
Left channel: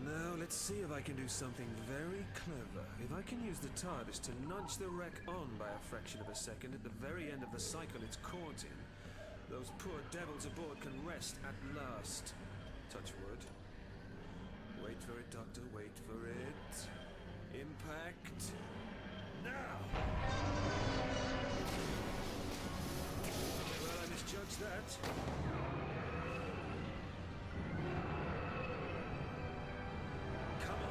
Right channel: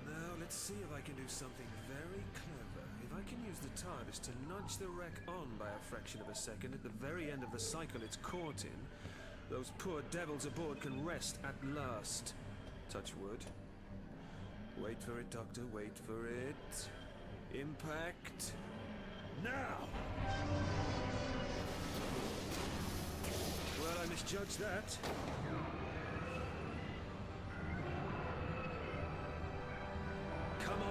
Now, let's see if I can do something very clever. If I can use the TARDIS to nudge the wreck on by a fraction of a second at the very end of the cycle it's caught in, those poor devils aboard can rest at last. Touch wood. Wait for it, Doctor, wait for it. Impact. Now! Well, I misjudged that. Come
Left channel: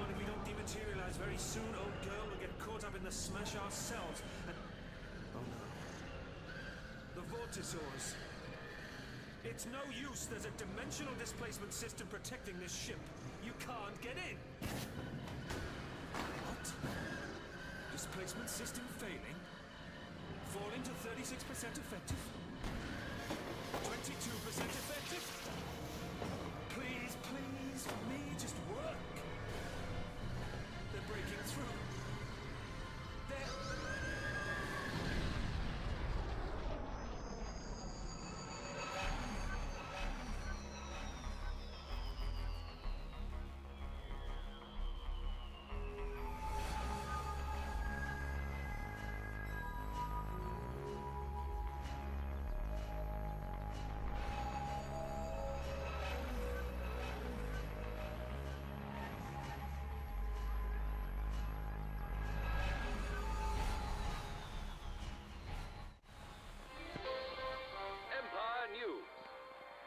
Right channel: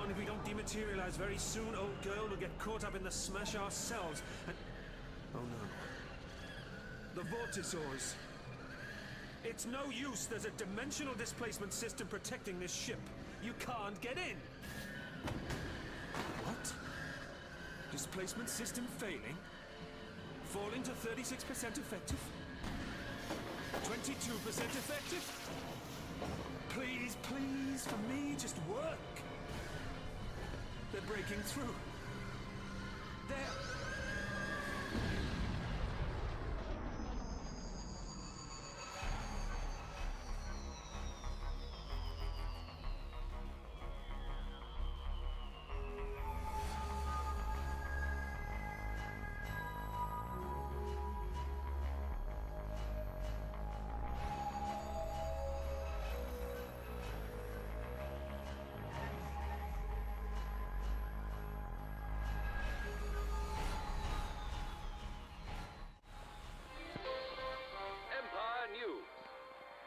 on, if we don't dematerialize very soon, old girl, we'll get caught up in the smash ourselves, and... Oh no. The vortisaurs. It's no use, there's a dimensional displacement system protecting this ship. You can't get in! What? Displacement system failing? Falling to 36% effective? 22% effective? Please, please, for me, just work. They're breaking through. They're...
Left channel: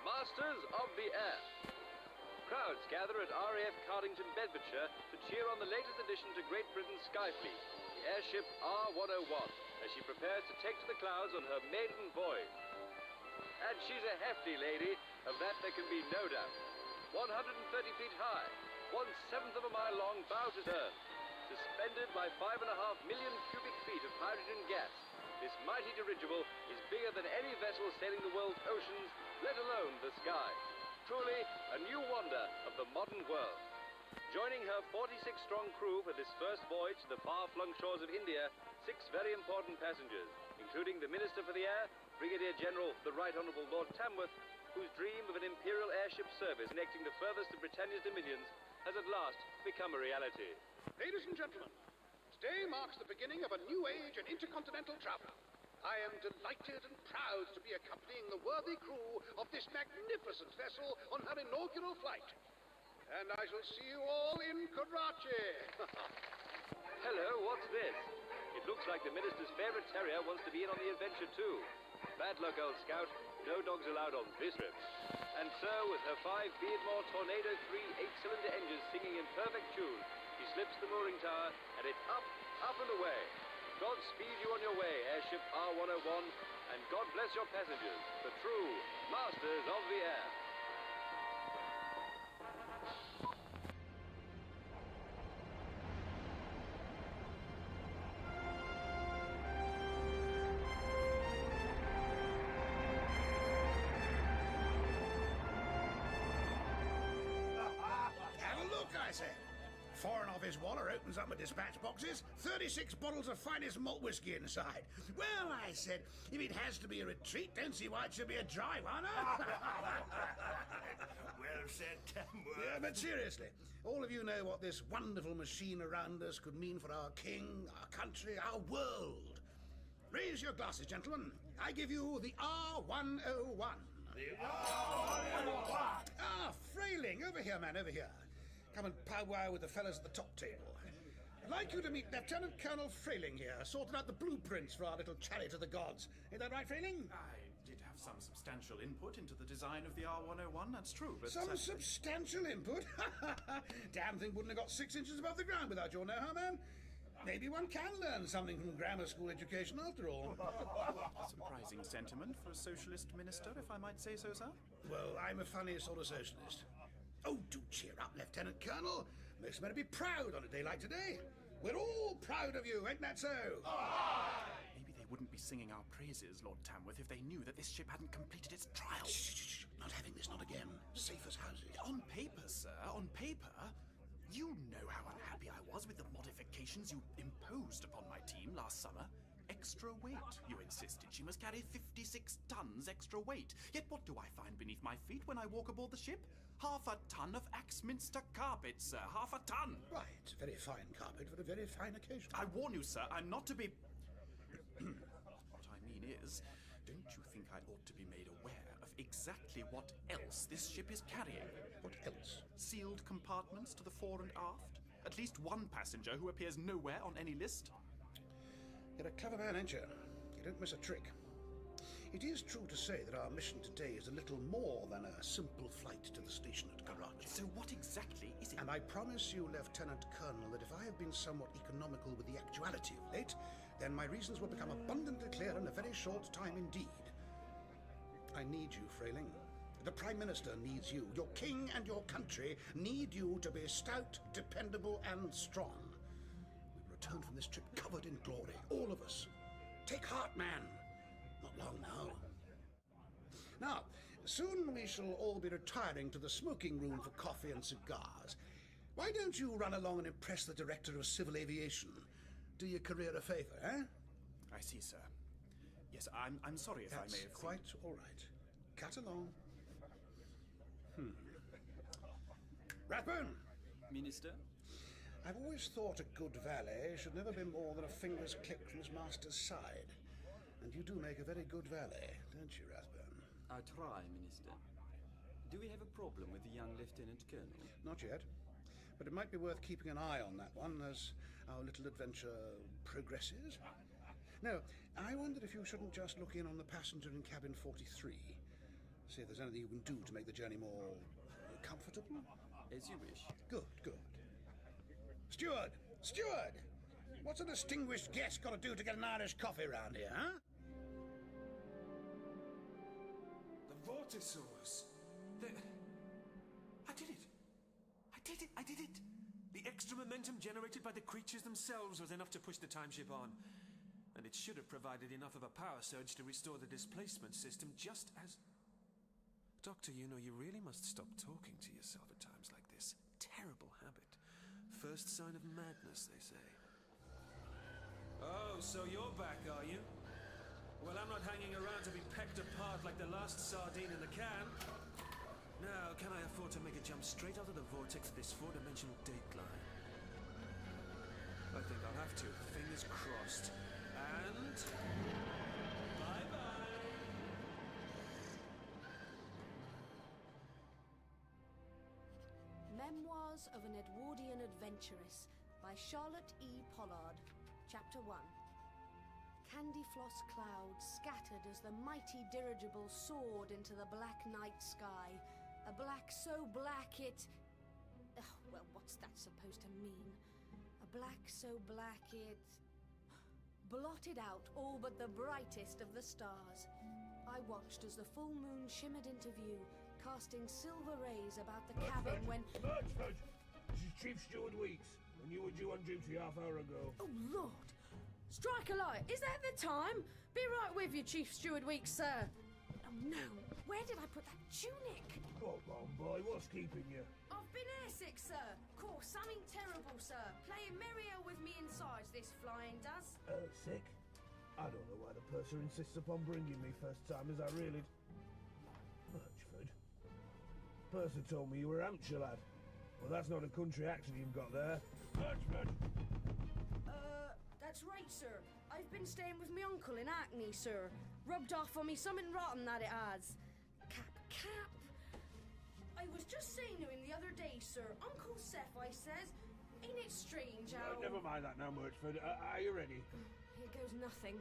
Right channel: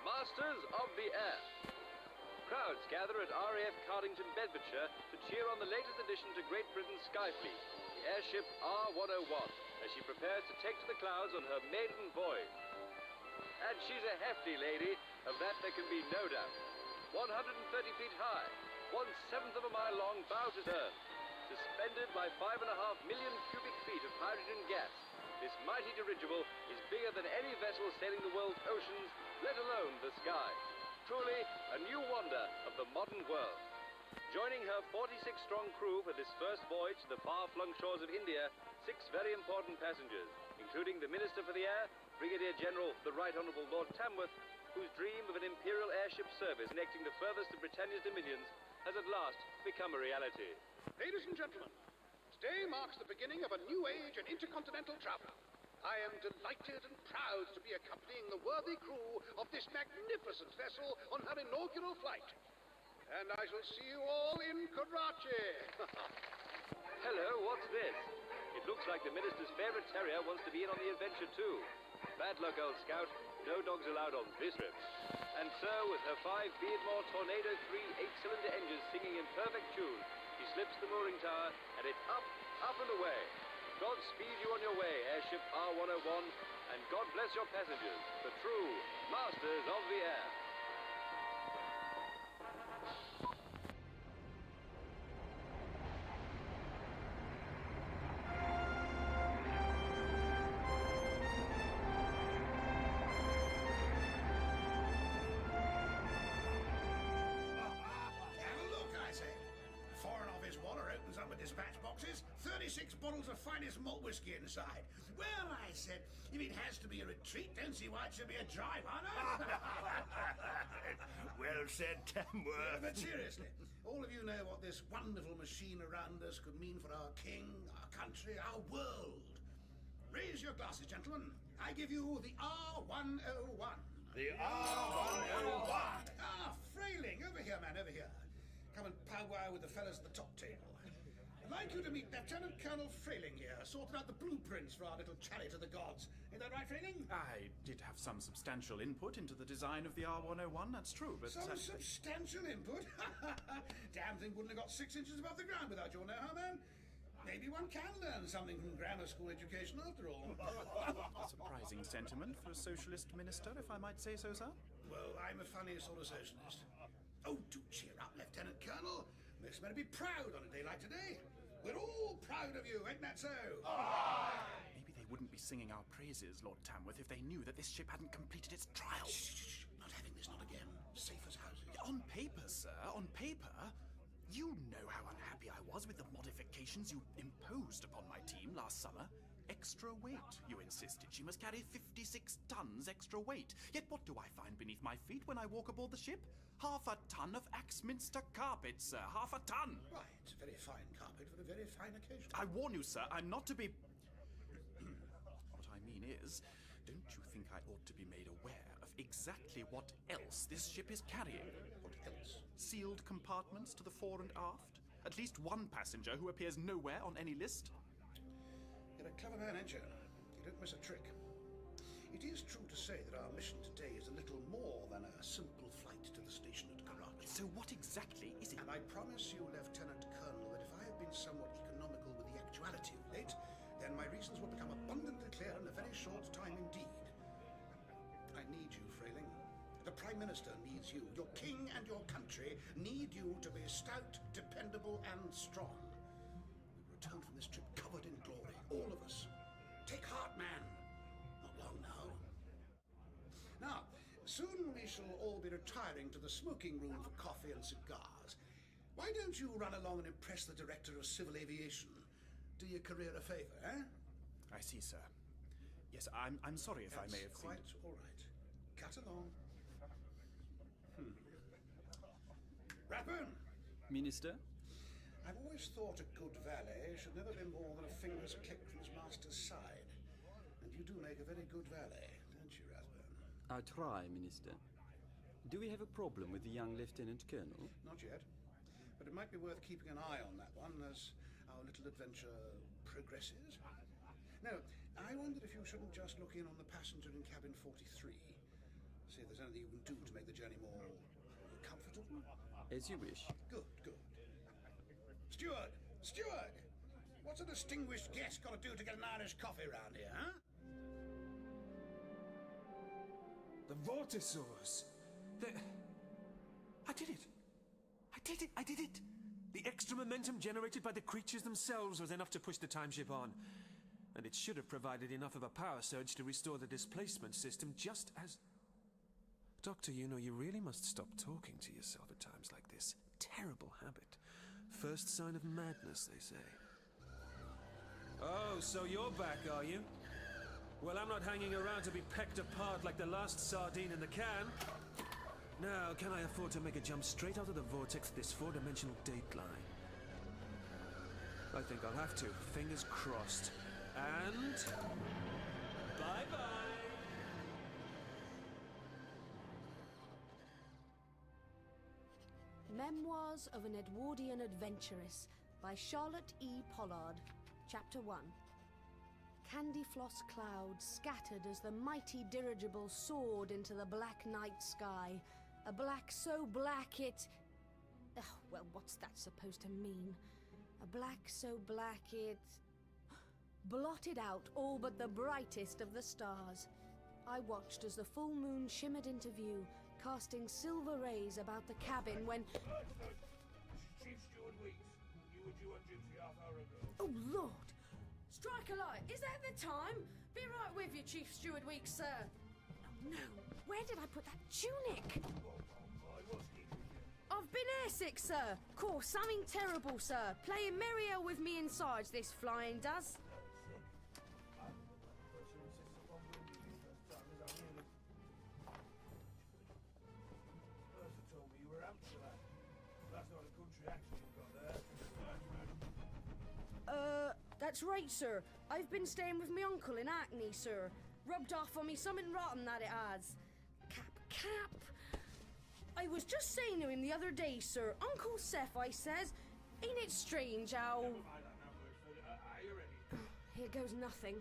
Masters of the Air. Crowds gather at RAF Cardington, Bedfordshire to cheer on the latest addition to Great Britain's sky fleet, the airship R101, as she prepares to take to the clouds on her maiden voyage. And she's a hefty lady, of that there can be no doubt. 130 feet high, 1/7 of a mile long bow to stern, suspended by 5.5 million cubic feet of hydrogen gas. This mighty dirigible is bigger than any vessel sailing the world's oceans, let alone the sky. Truly, a new wonder of the modern world. Joining her 46-strong crew for this first voyage to the far-flung shores of India, 6 very important passengers, including the Minister for the Air, Brigadier General the Right Honourable Lord Tamworth, whose dream of an Imperial airship service connecting the furthest of Britannia's dominions has at last become a reality. Ladies and gentlemen, today marks the beginning of a new age in intercontinental travel. I am delighted and proud to be accompanying the worthy crew of this magnificent vessel on her inaugural flight. And I shall see you all in Karachi. Hello, what's this? It looks like the minister's favorite terrier wants to be in on the adventure too. Bad luck, old scout. No dogs allowed on this trip. And so, with her 5 Beardmore Tornado 3 8-cylinder engines singing in perfect tune, she slips the mooring tower, and it's up, up and away. God speed you on your way, airship R101, and God bless your passengers, the true masters of the air. Have a look, I said. Foreign Office Waller opens up my dispatch boxes, 36 bottles of finest malt whiskey inside. Well, I said, if it has to be a retreat, don't see why it should be a dry one, huh? Well said, Tamworth. Yeah, but seriously, all of you know what this wonderful machine around us could mean for our king, our country, our world. Raise your glasses, gentlemen. I give you the R101. The R101. Ah, Frayling, over here, man, over here. Come and powwow with the fellas at the top table. I'd like you to meet Lieutenant Colonel Frayling here, sorting out the blueprints for our little chariot of the gods. Ain't that right, Frayling? I did have some substantial input into the design of the R101, that's true, but... Some substantial input? Damn thing wouldn't have got 6 inches above the ground without your know-how, man. Maybe one can learn something from grammar school education after all. A surprising sentiment for a socialist minister, if I might say so, sir. Well, I'm a funny sort of socialist. Oh, do cheer up, Lieutenant Colonel. Most men to be proud on a day like today. We're all proud of you, ain't that so? Maybe they wouldn't be singing our praises, Lord Tamworth, if they knew that this ship hadn't completed its trial. Shh. Not having this, not again. Safe as houses. On paper, sir, on paper, you know how unhappy I was with the modifications you imposed upon my team last summer. Extra weight, you insisted. She must carry 56 tons extra weight. Yet what do I find beneath my feet when I walk aboard the ship? Half a ton of Axminster carpet, sir. Half a ton. Right. Very fine carpet for a very fine occasion. I warn you, sir, I'm not to be... What I mean is, don't you think I ought to be made aware of exactly what else this ship is carrying? What else? Sealed compartments to the fore and aft. At least one passenger who appears nowhere on any list. You're a clever man, ain't you? You don't miss a trick. It is true to say that our mission today is a little more than a simple flight to the station at Karachi. So what exactly is it? And I promise you, Lieutenant Colonel, that if I have been somewhat economical with the actuality of late, then my reasons will become abundantly clear in a very short time indeed. I need you, Frayling. The Prime Minister needs you. Your king and your country need you to be stout, dependable, and strong. We will return from this trip covered in glory, all of us. Take heart, man. Not long now. Now, soon we shall all be retiring to the smoking room for coffee and cigars. Why don't you run along and impress the Director of Civil Aviation? Do your career a favour, eh? I see, sir. Yes, I'm sorry if I may have... That's quite all right. Cut along. Rathbone! Minister? I've always thought a good valet should never be more than a finger's click from his master's side. And you do make a very good valet, don't you, Rathbone? I try, Minister. Do we have a problem with the young Lieutenant Colonel? Not yet. But it might be worth keeping an eye on that one as our little adventure progresses. No, I wondered if you shouldn't just look in on the passenger in cabin 43. See if there's anything you can do to make the journey more comfortable. As you wish. Good. Steward! What's a distinguished guest got to do to get an Irish coffee round here, huh? The Vortisaurs! I did it! The extra momentum generated by the creatures themselves was enough to push the time ship on. And it should have provided enough of a power surge to restore the displacement system just as... Doctor, you know, you really must stop talking to yourself at times like this. Terrible habit. First sign of madness, they say. Oh, so you're back, are you? Well, I'm not hanging around to be pecked apart like the last sardine in the can. Now, can I afford to make a jump straight out of the vortex this four-dimensional dateline? I think I'll have to. Fingers crossed. And... bye-bye! Memoirs of an Edwardian Adventuress by Charlotte E. Pollard. Chapter 1. Candy-floss clouds scattered as the mighty dirigible soared into the black night sky. A black so black it... well, what's that supposed to mean? A black so black it... blotted out all but the brightest of the stars. I watched as the full moon shimmered into view, casting silver rays about the cabin when... This is Chief Steward Weeks, and you were due on duty half-hour ago. Oh, Lord! Strike a light! Is that the time? Be right with you, Chief Steward Weeks, sir. Oh, no. Where did I put that tunic? Oh, come on, boy. What's keeping you? I've been airsick, sir. Caught something terrible, sir. Playing merry hell with me insides, this flying does. Sick? I don't know why the purser insists upon bringing me first time as I really... Birchford. Purser told me you were Hampshire lad. Well, that's not a country accent you've got there. Birchford! That's right, sir. I've been staying with my uncle in Hackney, sir. Rubbed off on me something rotten that it has. Cap. I was just saying to him the other day, sir. Uncle Seth, I says, ain't it strange how... Never mind that now, Murchford. Are you ready? Here goes nothing.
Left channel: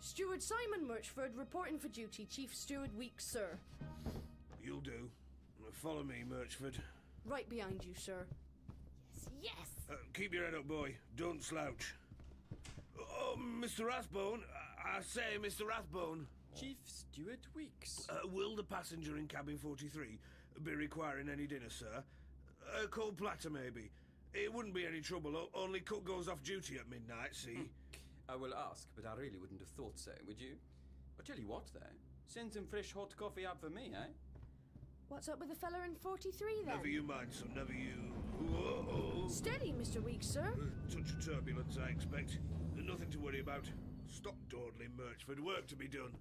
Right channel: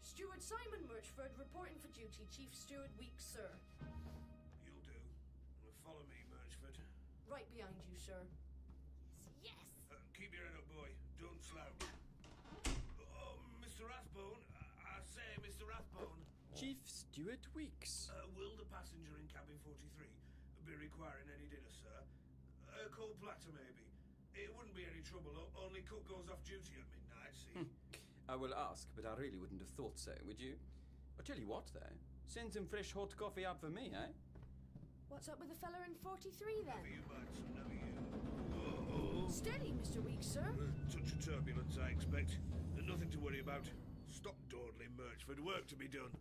Steward Simon Murchford reporting for duty, Chief Steward Weeks, sir. You'll do. Follow me, Murchford. Right behind you, sir. Yes! Keep your head up, boy. Don't slouch. Oh, Mr. Rathbone. I say, Mr. Rathbone. Chief Steward Weeks. Will the passenger in cabin 43 be requiring any dinner, sir? A cold platter, maybe. It wouldn't be any trouble, only cook goes off duty at midnight, see? I will ask, but I really wouldn't have thought so, would you? I'll tell you what, though. Send some fresh hot coffee up for me, eh? What's up with the fella in 43, then? Never you mind, son, never you... Whoa. Steady, Mr. Weeks, sir. Touch of turbulence, I expect. Nothing to worry about. Stop dawdling, Murchford. Work to be done.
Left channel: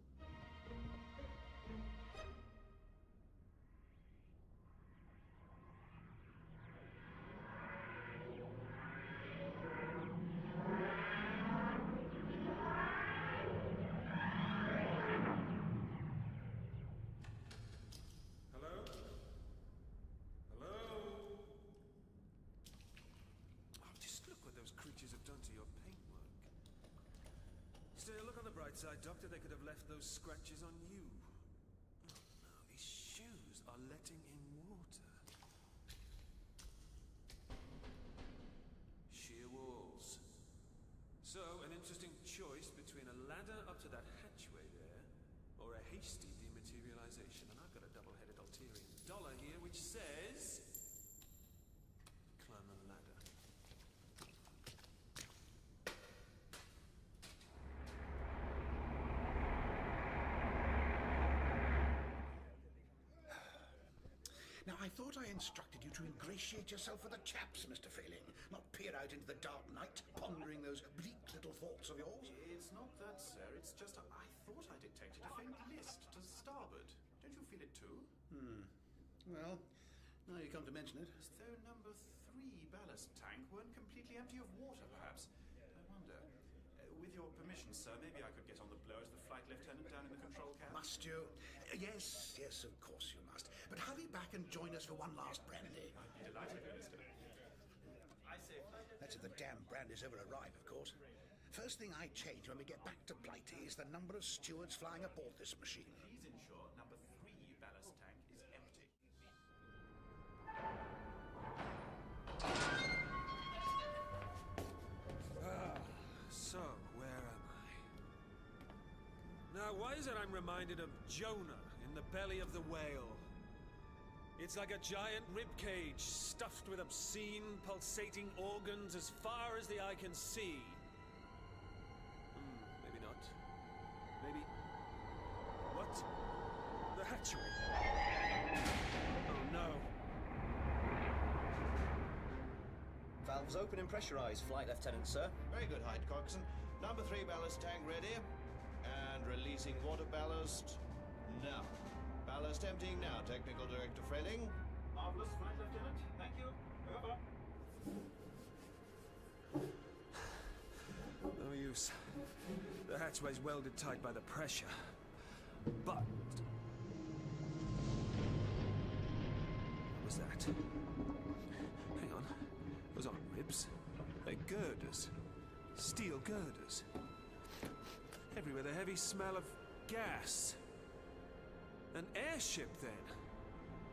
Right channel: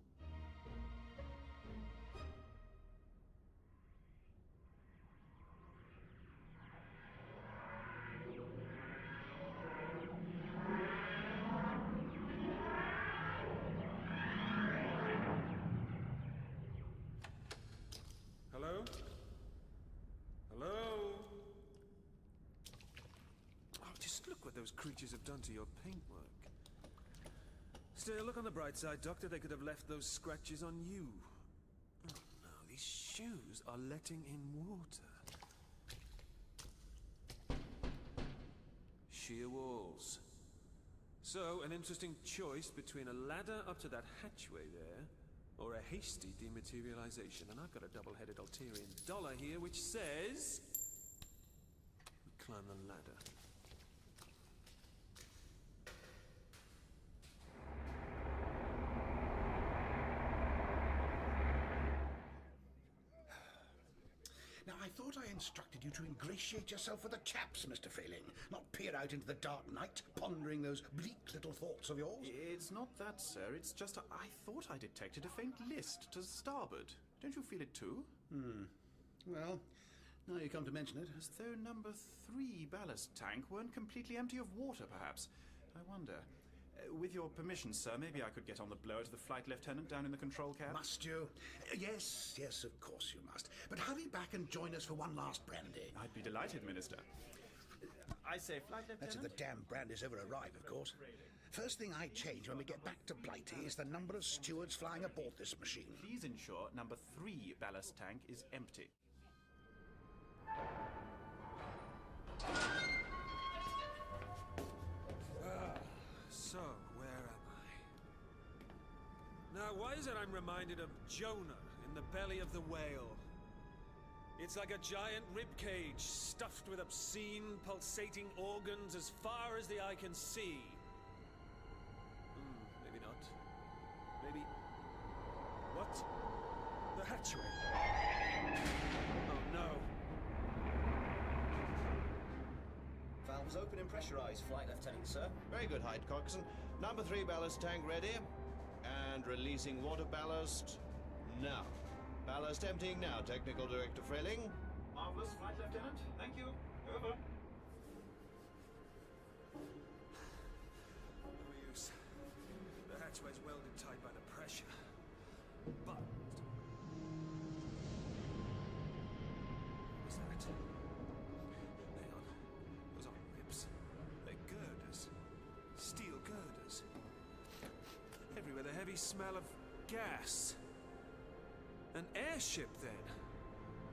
Hello? Hello? Oh, just look what those creatures have done to your paintwork. Still, look on the bright side, Doctor. They could have left those scratches on you. Oh, no. These shoes are letting in water. Sheer walls. So, an interesting choice between a ladder up to that hatchway there, or a hasty dematerialization. And I've got a double-headed Altarian dollar here which says... we climb the ladder. Now, I thought I instructed you to ingratiate yourself with the chaps, Mr. Frayling, not peer out into the dark night, pondering those bleak little thoughts of yours. It's not that, sir. It's just I thought I detected a faint list to starboard. Don't you feel it too? Well, now you come to mention it. As though number 3 ballast tank weren't completely empty of water, perhaps. I wonder. With your permission, sir, maybe I could get on the blower to the flight lieutenant down in the control cab? Must you? Yes, of course you must. But hurry back and join us for one last brandy. I'd be delighted, Minister. I say, flight lieutenant? That's if the damn brandies ever arrive, of course. First thing I change when we get back to Blighty is the number of stewards flying aboard this machine. Please ensure number 3 ballast tank is empty. So, where am I? Now, why is it I'm reminded of Jonah in the belly of the whale? It's like a giant ribcage stuffed with obscene, pulsating organs as far as the eye can see. Maybe not. Maybe... What? The hatchway. Oh, no. Valves open and pressurized, Flight Lieutenant, sir. Very good, Hyde Coxon. Number 3 ballast tank ready. And releasing water ballast now. Ballast emptying now, Technical Director Frayling. Marvelous, Flight Lieutenant. Thank you. Over. use. The hatchway's welded tight by the pressure. But... what was that? Hang on. Those aren't ribs. They're girders. Steel girders. Everywhere the heavy smell of gas. An airship, then.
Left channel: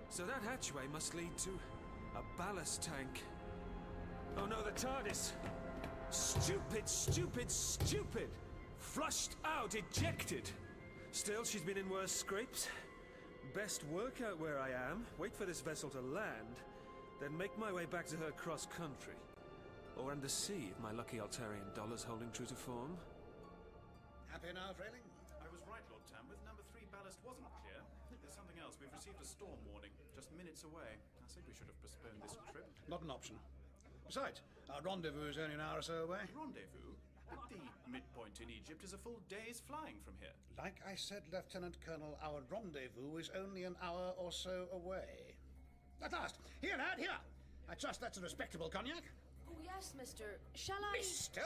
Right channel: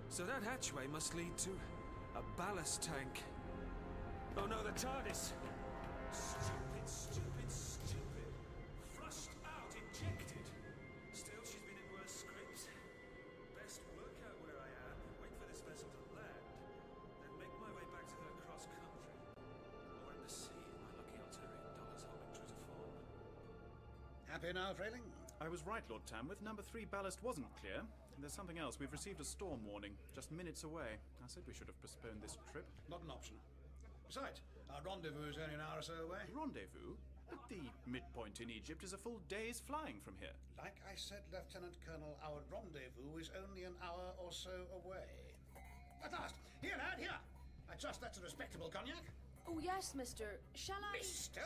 So that hatchway must lead to a ballast tank. Oh no, the TARDIS! Stupid, stupid, stupid! Flushed out, ejected! Still, she's been in worse scrapes. Best work out where I am, wait for this vessel to land, then make my way back to her cross-country. Or under sea, if my lucky Altarian dollar's holding true to form. Happy now, Frayling? I was right, Lord Tamworth. Number 3 ballast wasn't clear. There's something else. We've received a storm warning, just minutes away. I said we should have postponed this trip. Not an option. Besides, our rendezvous is only an hour or so away. Rendezvous? But the midpoint in Egypt is a full day's flying from here. Like I said, Lieutenant Colonel, our rendezvous is only an hour or so away. At last! Here, lad, here! I trust that's a respectable cognac? Oh, yes, mister. Shall I... Mister?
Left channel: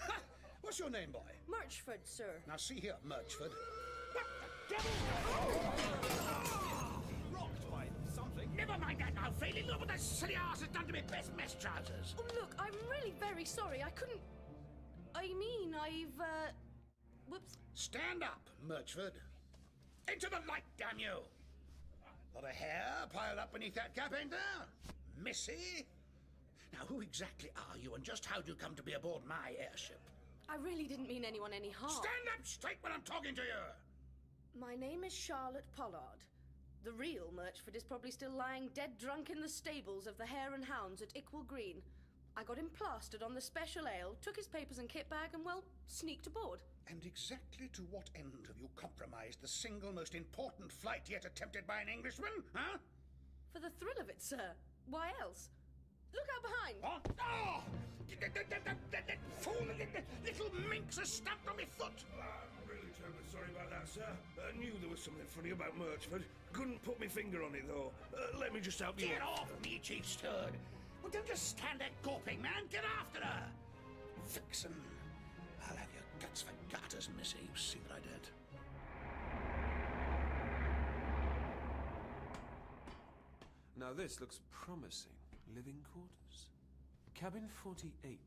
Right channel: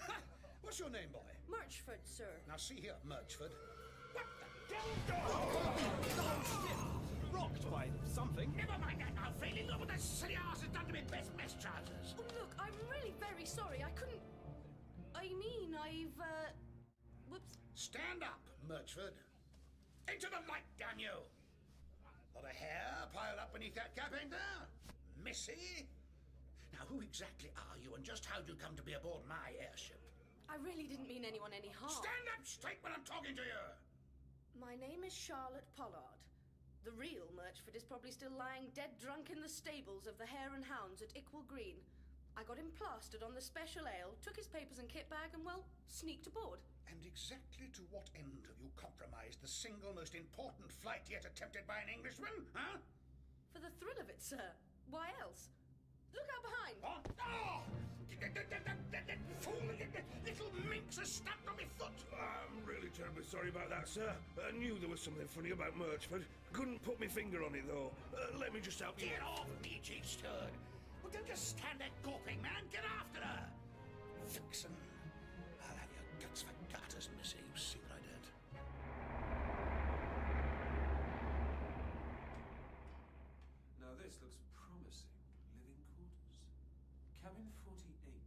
Ha! What's your name, boy? Murchford, sir. Now, see here, Murchford. What the devil? Rocked by something. Never mind that now, Frayling. Look what that silly arse has done to me best mess trousers. Oh, look, I'm really very sorry. I couldn't... I mean, I've, whoops. Stand up, Murchford. Into the light, damn you! Lot of hair piled up beneath that cap, ain't there? Missy? Now, who exactly are you, and just how do you come to be aboard my airship? I really didn't mean anyone any harm. Stand up straight when I'm talking to you! My name is Charlotte Pollard. The real Murchford is probably still lying dead drunk in the stables of the Hare and Hounds at Ickwill Green. I got him plastered on the special ale, took his papers and kit bag, and, well, sneaked aboard. And exactly to what end have you compromised the single most important flight yet attempted by an Englishman, huh? For the thrill of it, sir. Why else? Look out behind! What? Oh! That fool, little minx has stamped on my foot! I'm really terribly sorry about that, sir. I knew there was something funny about Murchford. Couldn't put my finger on it, though. Let me just help you. Get off me, Chief Steward! Well, don't just stand there gawping, man. Get after her! Vixen. I'll have your guts for garters, missy. You see that I don't. Now this looks promising. Living quarters. Cabin 48.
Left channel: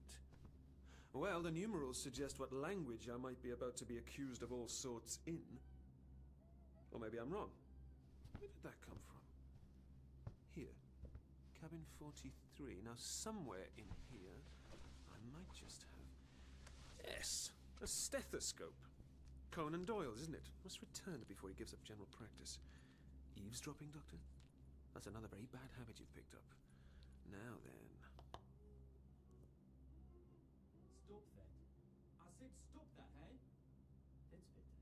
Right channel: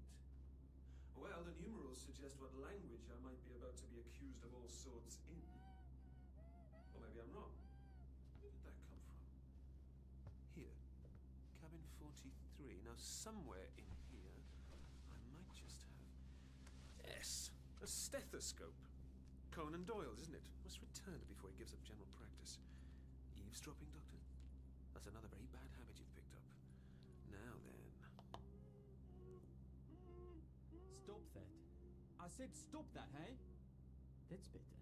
Well, the numerals suggest what language I might be about to be accused of all sorts in. Or maybe I'm wrong. Where did that come from? Here. Cabin 43. Now, somewhere in here, I might just have... Yes! A stethoscope. Conan Doyle's, isn't it? Must return it before he gives up general practice. Eavesdropping, Doctor? That's another very bad habit you've picked up. Now then... Stop that. I said stop that, hey? That's better.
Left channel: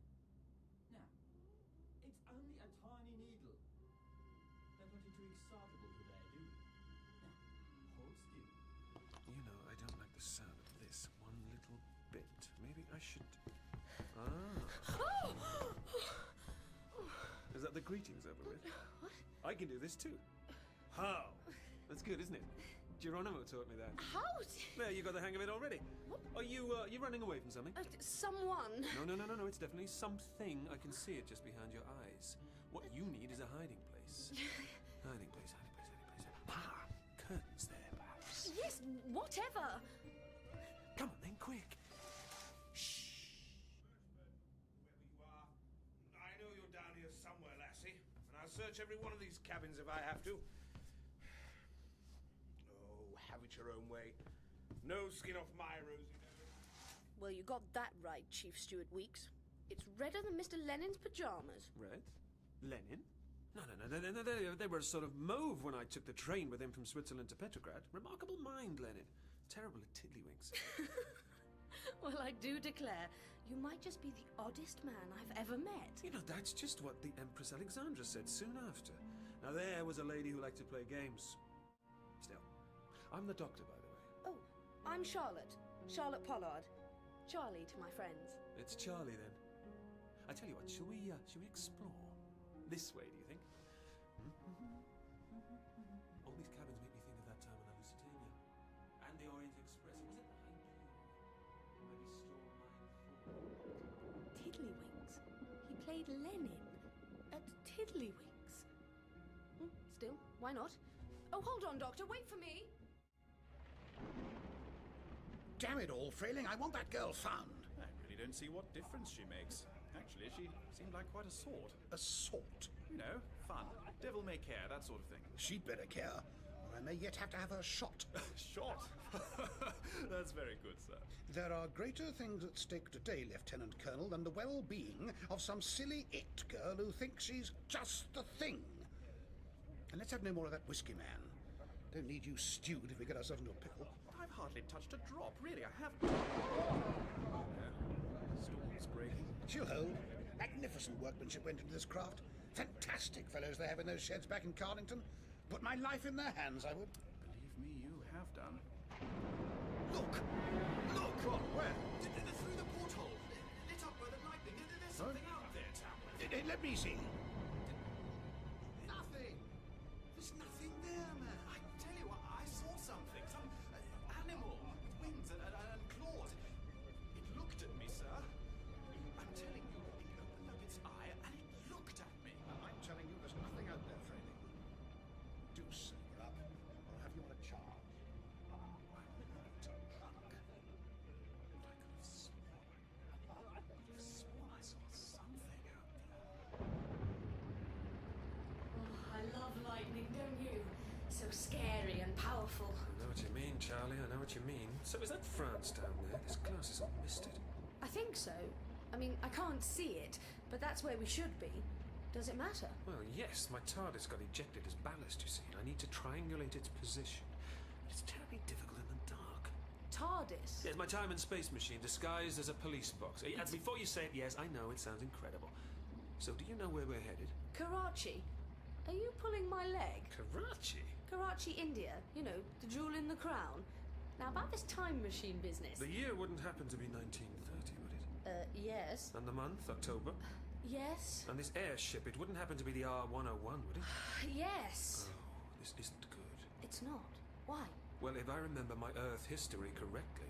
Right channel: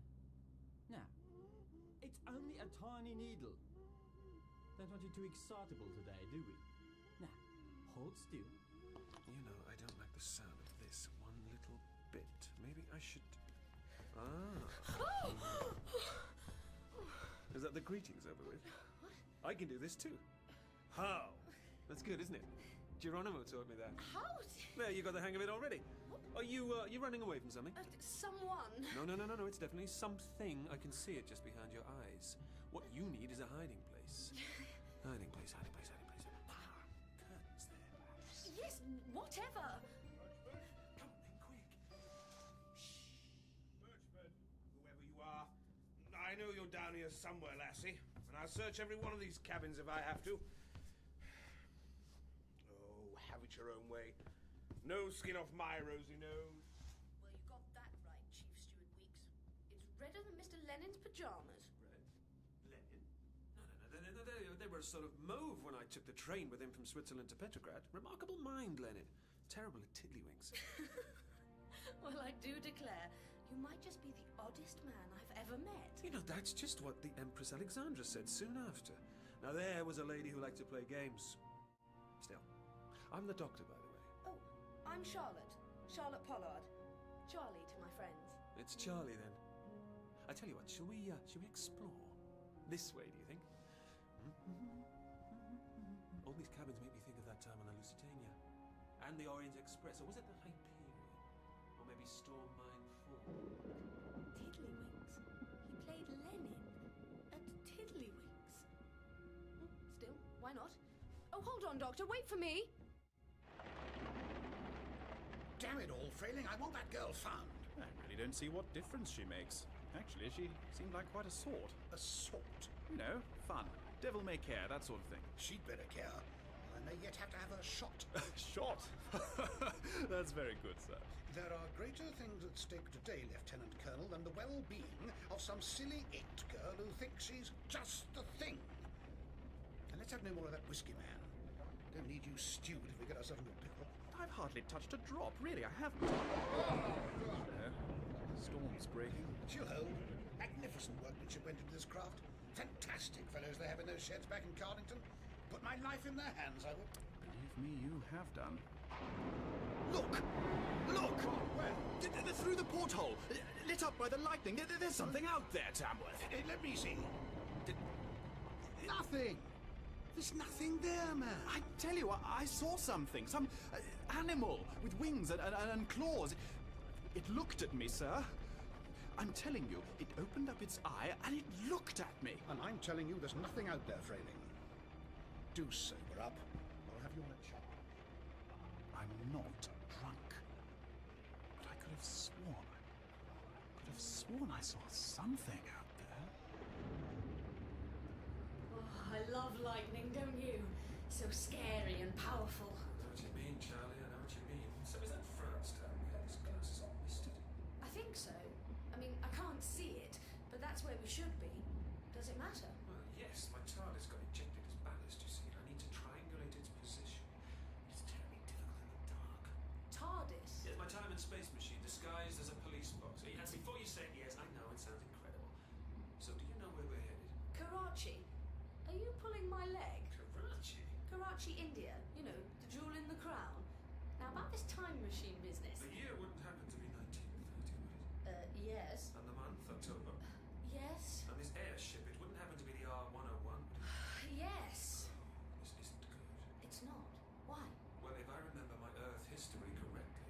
Now, it's only a tiny needle. Don't want you too excitable today, do we? Now, hold still. You know, I don't like the sound of this one little bit. Maybe I should... Ah! Is that the greetings over with? What? I can do this too. How? That's good, isn't it? Geronimo taught me that. How? There, you got the hang of it already. What? Are you running away from something? Someone. No, it's definitely something. I can see it just behind your eyes. What you need is a hiding place. Hiding place. Ah, curtains there, perhaps. Yes, whatever. Come on then, quick. Murchford, whoever you are, I know you're down here somewhere, lassie, and I'll search every one of these cabins if I have to. Oh, have it your own way. No skin off my rosy nose. Well, you got that right, Chief Steward Weeks. It's redder than Mr. Lenin's pajamas. Red? Lenin? No. They were sort of mauve when I took the train with him from Switzerland to Petrograd. Remarkable mind, Lenin. Terrible at tiddlywinks. Well, I do declare, you might just be the oddest man I've ever met. You know, that's just what the Empress Alexandra said soon after. Now, there was a lady who liked to play games. Still, I'm the doctor, by the way. Oh, I'm Charlotte. Charlotte Pollard. Charlie to my friends. It's Charlie, then. I tell you what, shall we explore? This way, do you think? All these cabins make me think of that time on the Lusitania. And the Orient Express. Or was it the Hyperion? Or maybe Storm Tiddlywinks. He played Lenin at Tiddlywinks. Still, why not? Oh, hold on, Doctor, wait for me! Damn it all, Frayling, I want that girl found. I really don't see what difference she makes. Actually, she seemed like quite a sort. A sort? You know, fun. Devil may care, that sort of thing. She'd better care. Well, I may yet have to have her shot. Shot? That's very good, sir. There are greater things at stake today, Lieutenant Colonel, than the well-being of some silly it girl who thinks she's just the thing. And let's have no more of that whiskey, man. Don't need you stewed if we get ourselves into a pickle. I've hardly touched a drop, really, I haven't. No, storm's breaking. She'll hold. Magnificent workmanship went into this craft. Fantastic fellows they have in those sheds back in Cardington. Put my life in their hands, I would. Believe me, you have done. Look! Look! What? Where? Through the porthole, lit up by the lightning. There's something out there, Tamworth. Let me see. Nothing. There's nothing there, man. I tell you, I saw something. Some animal with wings and claws. It looked at me, sir. I'm telling you, it opened up its eye and it looked at me. And I'm telling you, there's nothing out there, Frayling. Do sober up, or I'll have you on a charge. I'm not drunk. But I could have sworn I saw something out there. Oh, I love lightning, don't you? So scary and powerful. I know what you mean, Charlie, I know what you mean. So is that France down there? This glass is all misted. I think so. I mean, I can't see it, but that's where we should be. Does it matter? Well, yes, my TARDIS got ejected as ballast, you see, and I need to triangulate its position. It's terribly difficult in the dark. TARDIS? Yes, my time and space machine disguised as a police box. And before you say it, yes, I know, it sounds incredible. So do you know where we're headed? Karachi? Are you pulling my leg? Karachi? Karachi, India. You know, the jewel in the crown. Now, about this time machine business. The year wouldn't happen to be 1930, would it? Yes. And the month, October? Yes. And this airship, it wouldn't happen to be the R-101, would it? Yes. Oh, this isn't good. It's not. Why? Well, if I remember my Earth history correctly...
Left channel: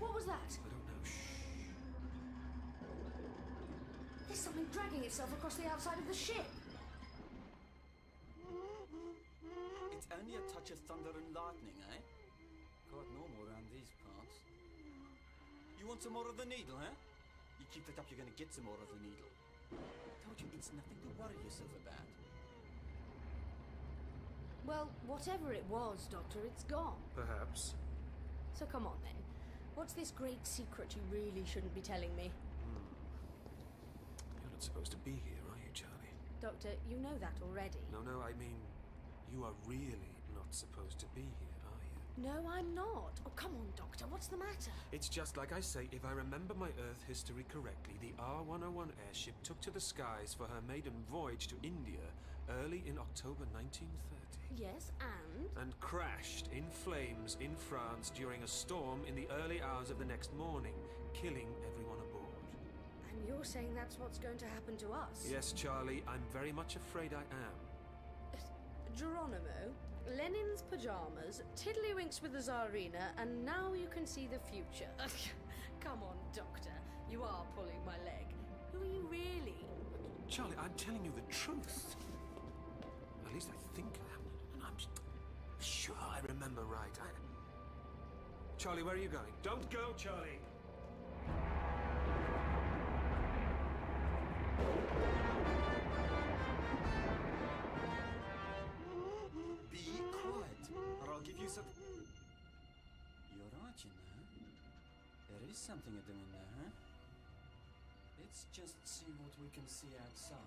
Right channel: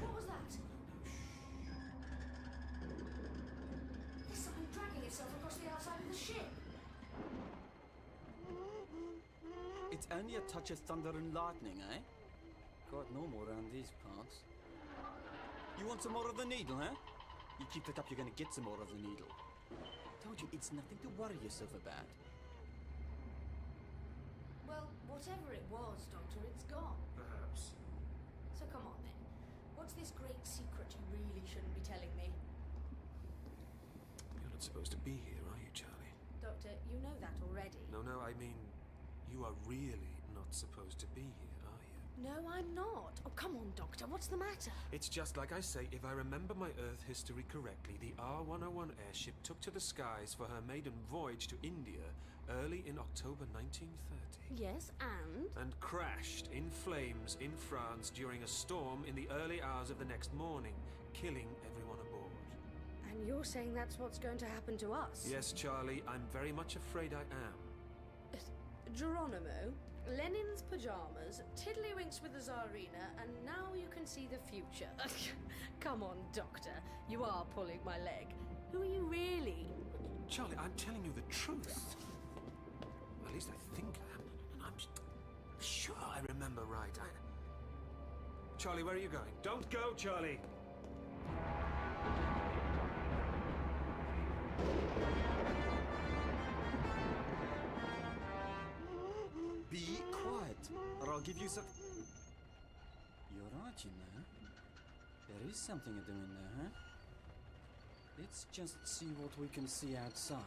What was that? I don't know. Shh. There's something dragging itself across the outside of the ship. It's only a touch of thunder and lightning, eh? Quite normal around these parts. You want some more of the needle, huh? You keep it up, you're gonna get some more of the needle. Told you, it's nothing to worry yourself about. Well, whatever it was, Doctor, it's gone. Perhaps. So come on, then. What's this great secret you really shouldn't be telling me? You're not supposed to be here, are you, Charlie? Doctor, you know that already. No, I mean, you are really not supposed to be here, are you? No, I'm not. Oh, come on, Doctor, what's the matter? It's just like I say, if I remember my Earth history correctly, the R-101 airship took to the skies for her maiden voyage to India early in October 1930. Yes, and? And crashed in flames in France during a storm in the early hours of the next morning, killing everyone aboard. And you're saying that's what's going to happen to us? Yes, Charlie, I'm very much afraid I am. Geronimo, Lenin's pajamas, Tiddlywinks with the Tsarina, and now you can see the future. Come on, Doctor. You are pulling my leg. Who are you really? Charlie, I'm telling you the truth. At least I think I am. And I'm sure I remember right. Charlie, where are you going? Don't go, Charlie! Be quiet, or I'll give you some... You're right, you know. There is something to do in there, huh? Let's just see what we can see outside.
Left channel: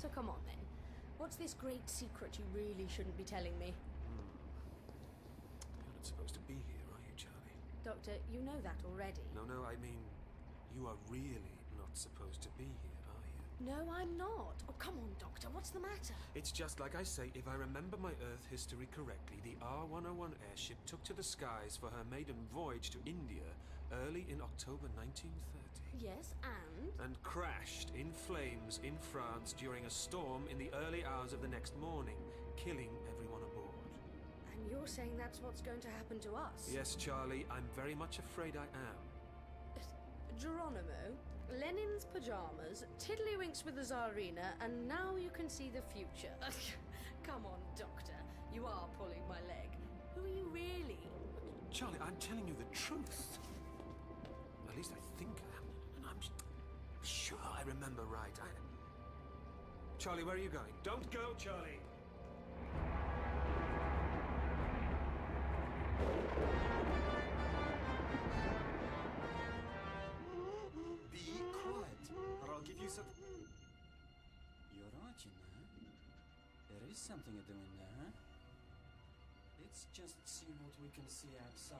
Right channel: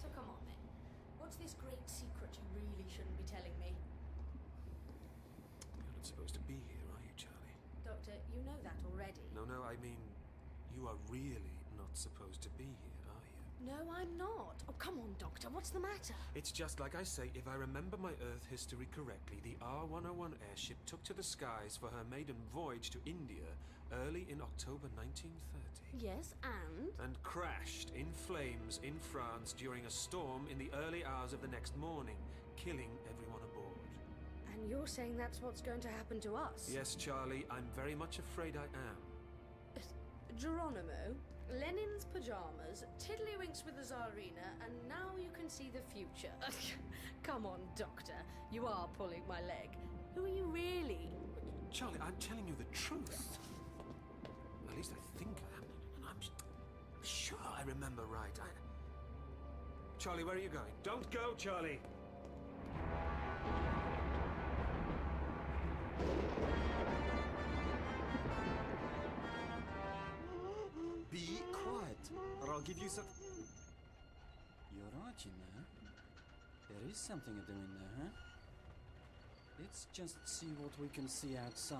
So come on then. What's this great secret you really shouldn't be telling me? You're not supposed to be here, are you, Charlie? Doctor, you know that already. No, I mean, you are really not supposed to be here, are you? No, I'm not. Oh, come on, Doctor, what's the matter? It's just like I say, if I remember my Earth history correctly, the R-101 airship took to the skies for her maiden voyage to India early in October 1930. Yes, and? And crashed in flames in France during a storm in the early hours of the next morning, killing everyone aboard. And you're saying that's what's going to happen to us? Yes, Charlie, I'm very much afraid I am. Geronimo, Lenin's pajamas, Tiddlywinks with the Tsarina, and now you can see the future. Come on, Doctor. You are pulling my leg. Who are you really? Charlie, I'm telling you the truth. At least I think I am. And I'm sure I remember right. Charlie, where are you going? Don't go, Charlie! Be quiet, or I'll give you some... You're right, you know. There is something to do in there, huh? Let's just see what we can see outside.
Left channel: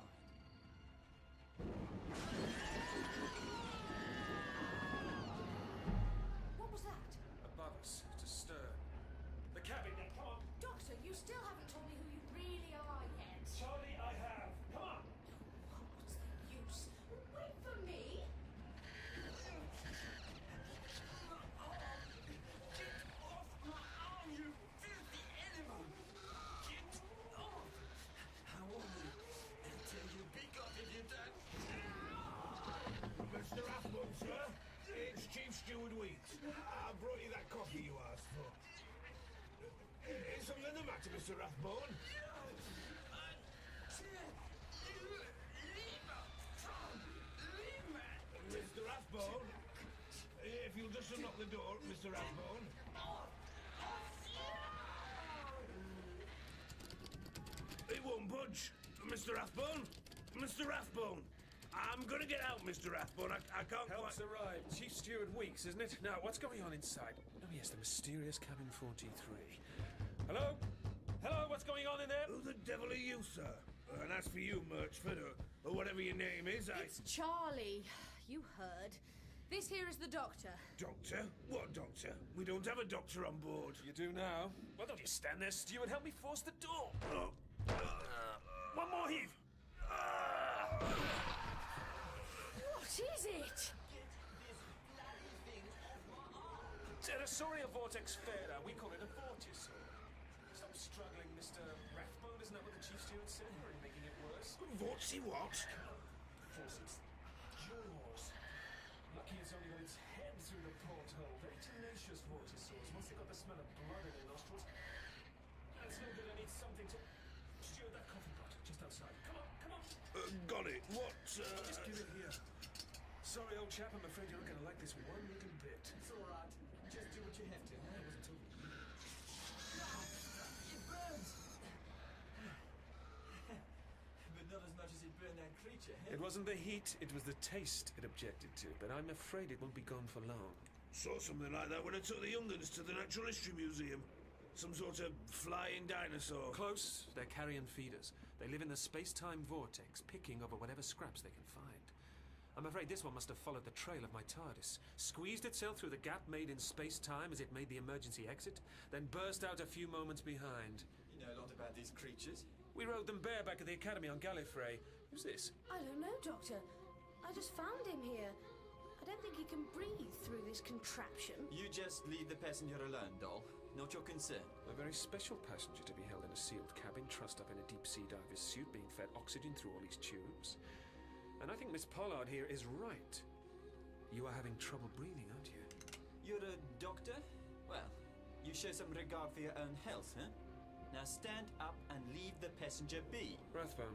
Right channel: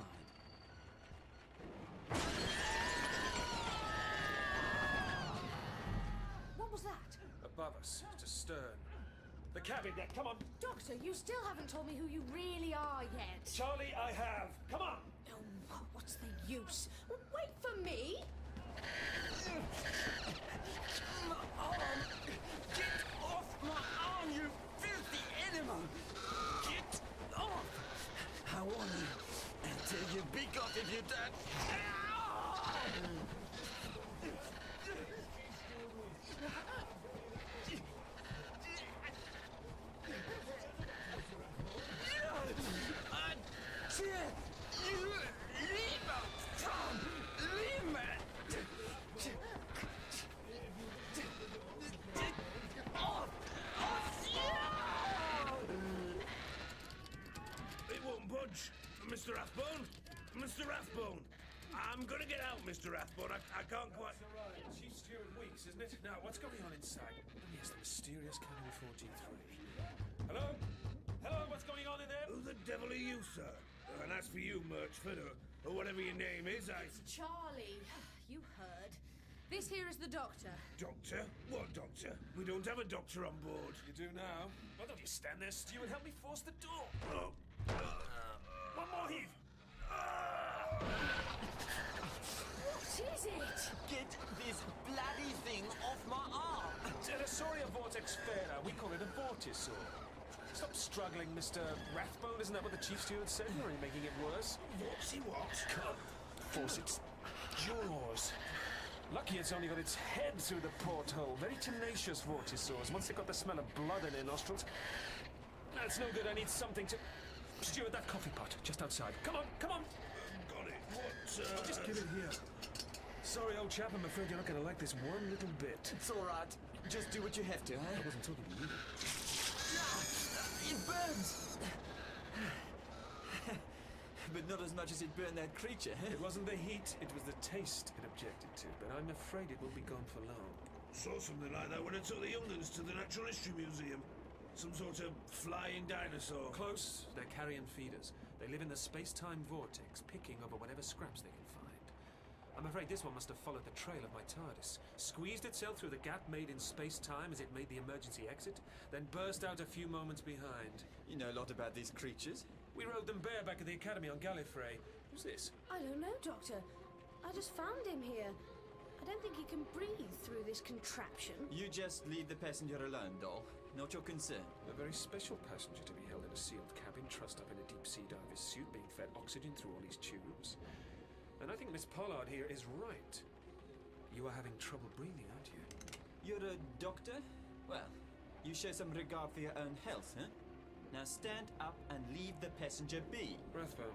What was that? Above us, to stern. The cabin deck, come on! Doctor, you still haven't told me who you really are yet. Charlie, I have! Come on! Oh, what's the use? Wait for me! My arm! Get off my arm, you filthy animal! Get off! I warn you, I'll tear your beak off if you don't. It won't budge. Mr. Rathbone? Mr. Rathbone! I'm gonna get out, Mr. Rathbone. I can't quite... Help's arrived. Chief Steward Weeks, isn't it? Now, what's going on inside? Oh, yes, the mysterious cabin 43. Hello? Hello, what's going on in there? Who the devil are you, sir? And as for you, Murchford, or whatever your name is, It's Charlie. You heard. This here is the doctor. Doctor? What doctor? We don't have a doctor on board. You do now? Well, don't you stand there, Steward. Help me force the door. One more heave. What is it? Get this bloody thing off my arm! Pterosaurus vortex fera. We call it a vortisaur. Stop struggling, Mr. Rathbone. Isn't that what the Chief Steward said? You're only making it worse. What's he what? Come. Force its jaws. Lucky it's only got its head through the porthole. Very tenacious vortisaurs. Once they got the smell of blood in their nostrils... That's no good. I need something to... Steward, that coffee pot, just outside. Come on, come on! Got it. What, I'll just give it here. Sorry, old chap, I'm afraid you're not going to like this one little bit. It's all right. Just do what you have to, eh? I wasn't talking to you. It burns! But not as much as it burned that creature, eh? It wasn't the heat, it was the taste it objected to, but I'm afraid it won't be gone for long. Saw something like that when I took the young'uns to the Natural History Museum. Some sort of flying dinosaur. Close. They're carrion feeders. They live in the space-time vortex, picking over whatever scraps they can find. I'm afraid this one must have followed the trail of my TARDIS, squeezed itself through the gap made in space-time as it made the emergency exit, then burst out a few moments behind. You know a lot about these creatures. We rode them bareback at the Academy on Gallifrey. Who's this? I don't know, Doctor. I just found him here. I don't think he can breathe through this contraption. You just leave the passenger alone, doll. Not your concern. A very special passenger to be held in a sealed cabin, trussed up in a deep-sea diver's suit, being fed oxygen through all these tubes. And I think Miss Pollard here is right. You are having trouble breathing, aren't you? You're a doctor? Well, you show some regard for your own health, huh? Now stand up and leave the passenger be. Rathbone,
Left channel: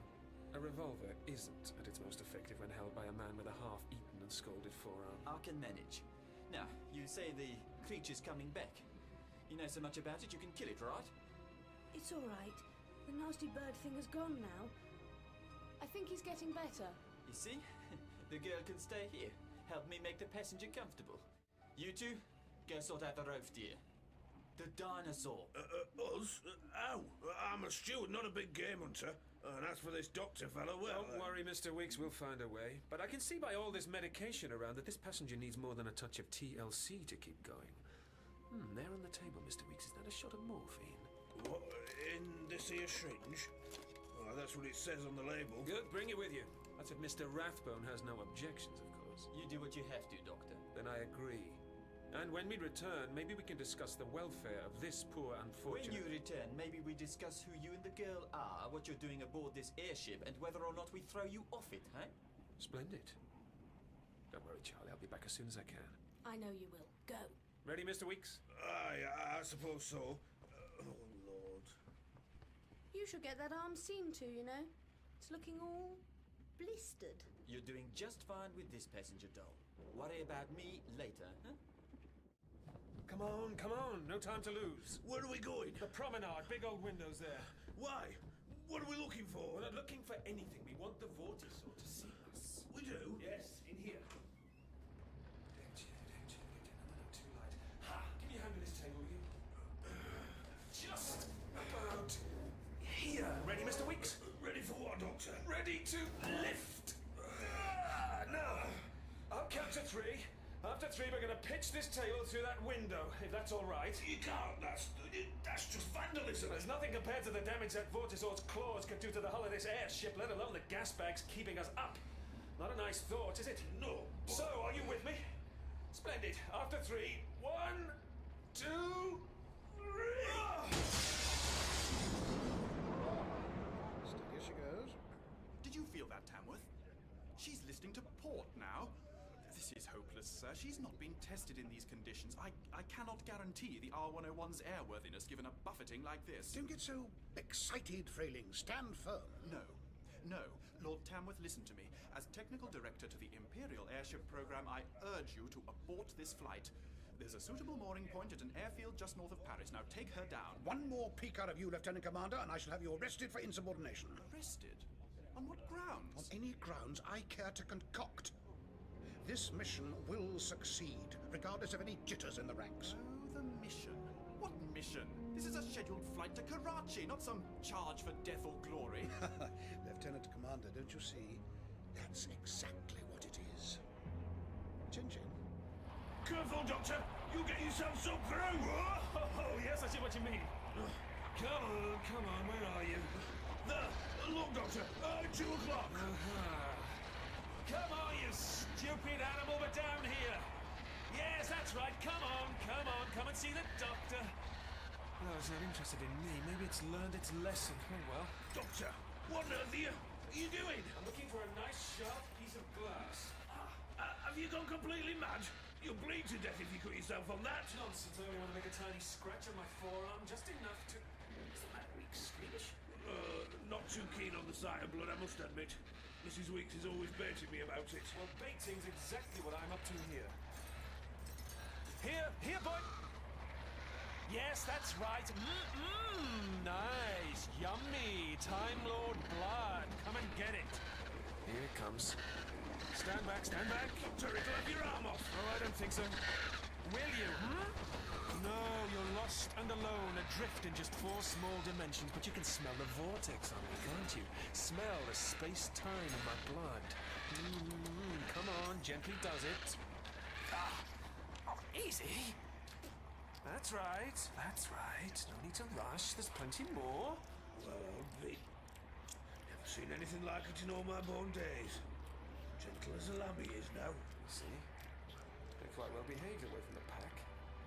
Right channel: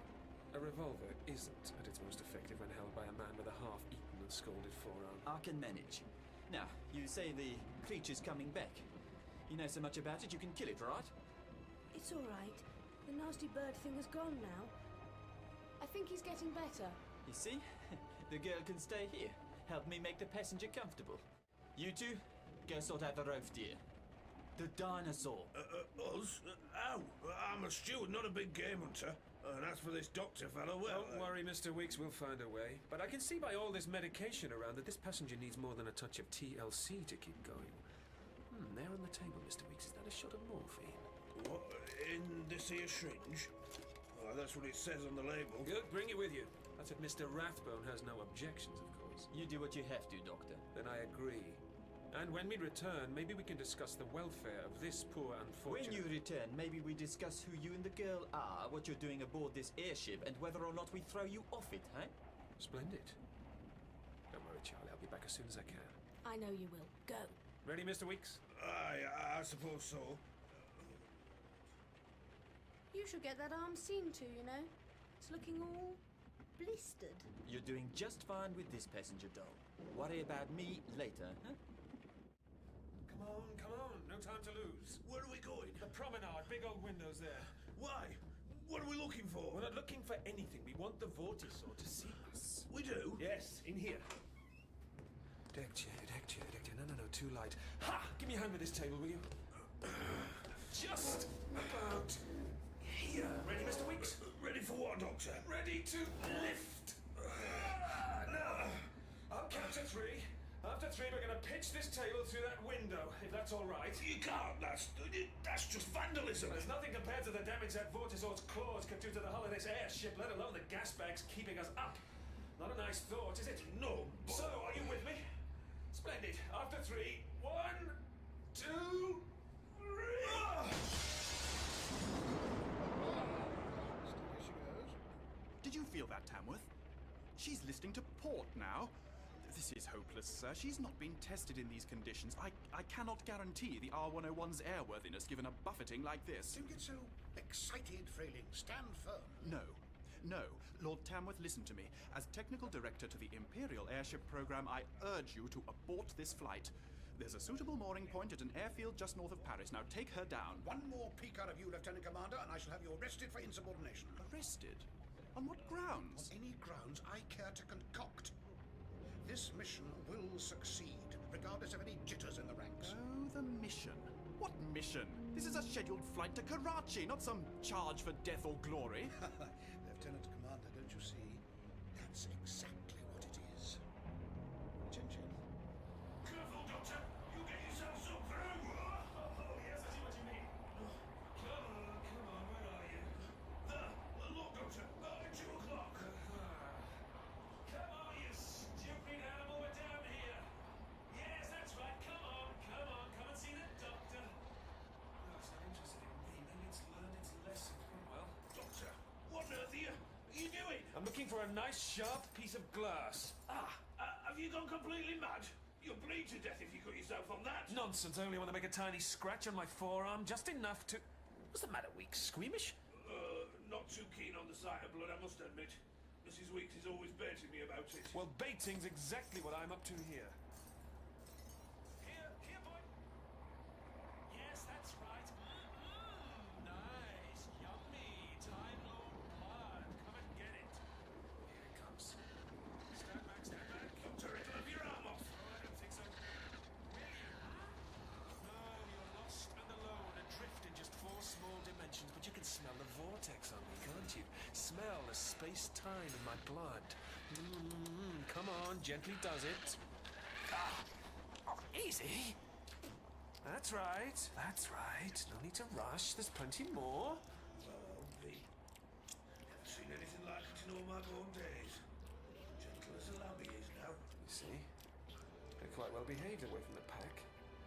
a revolver isn't at its most effective when held by a man with a half-eaten and scalded forearm. I can manage. Now, you say the creature's coming back. You know so much about it, you can kill it, right? It's all right. The nasty bird thing has gone now. I think he's getting better. You see? The girl can stay here. Help me make the passenger comfortable. You two, go sort out the roof, dear. The dinosaur. Us? Ow! I'm a steward, not a big game hunter. And as for this doctor fellow, well... Don't worry, Mr. Weeks, we'll find a way. But I can see by all this medication around that this passenger needs more than a touch of TLC to keep going. There on the table, Mr. Weeks, is that a shot of morphine? What, in this here syringe? Oh, that's what it says on the label. Good, bring it with you. That's if Mr. Rathbone has no objections, of course. You do what you have to, Doctor. Then I agree. And when we return, maybe we can discuss the welfare of this poor unfortunate... When you return, maybe we discuss who you and the girl are, what you're doing aboard this airship, and whether or not we throw you off it, huh? Splendid. Don't worry, Charlie, I'll be back as soon as I can. I know you will. Go. Ready, Mr. Weeks? I suppose so. Oh, Lord. You should get that arm seen to, you know. It's looking all blistered. You're doing just fine with this passenger doll. Worry about me later, huh? Come on, no time to lose. Where are we going? The promenade, big old windows there. Why? What are we looking for? We're not looking for anything. We want the Vortisaur to see us. We do? Yes, in here. Deck chair. No, too light. Ha! Give me a hand with this table, will you? Just about here. Ready, Mr. Weeks? Ready for what, Doctor? Ready to lift. Now, I'll count to 3. After 3, we're going to pitch this table through that window, if that's all right. You can't. That's just vandalism. There's nothing compared to the damage that Vortisaur's claws could do to the hull of this airship, let alone the gas bags keeping us up. Not a nice thought, is it? No. So, are you with me? Splendid. After 3, 1, 2, 3. Steady as she goes. Did you feel that, Tamworth? She's listening to port now. This is hopeless, sir. She's not been tested in these conditions. I cannot guarantee the R101's airworthiness given a buffeting like this. Don't get so excited, Frayling. Stand firm. No. Lord Tamworth, listen to me. As technical director to the Imperial Airship Program, I urge you to abort this flight. There's a suitable mooring point at an airfield just north of Paris. Now take her down. One more peek out of you, Lieutenant Commander, and I shall have you arrested for insubordination. Arrested? On what grounds? On any grounds I care to concoct. This mission will succeed, regardless of any jitters in the ranks. Oh, the mission. What mission? This is a scheduled flight to Karachi, not some charge for death or glory. Lieutenant Commander, don't you see? That's exactly what it is. Chin-chin. Careful, Doctor! You get yourself soaked through! Oh, yes, I see what you mean. Come on, where are you? There! Look, Doctor! 2 o'clock! Come on, you stupid animal, we're down here! Yes, that's right, come on, come and see the doctor. No, it's not interested in me. Maybe it's learned its lesson. Oh, well. Doctor, what on earth are you doing? I'm looking for a nice, sharp piece of glass. Have you gone completely mad? You'll bleed to death if you cut yourself on that. Nonsense, I only want to make a tiny scratch on my forearm, just enough to... What's the matter, Weeks? Squeamish? Not too keen on the sight of blood, I must admit. Mrs. Weeks is always baiting me about it. Well, baiting's exactly what I'm up to here. Here, boy! Yes, that's right. Nice, yummy, Time Lord blood. Come and get it. Here it comes. Stand back. Doctor, it'll have your arm off. Oh, I don't think so. Will you? No, you're lost and alone, adrift in just 4 small dimensions, but you can smell the vortex on me, can't you? Smell the space-time in my blood. Come on, gently does it. Easy. That's right. No need to rush. There's plenty more. Well, I'll be. Never seen anything like it in all my born days. Gentle as a lamb he is now. You see? They're quite well behaved away from the pack.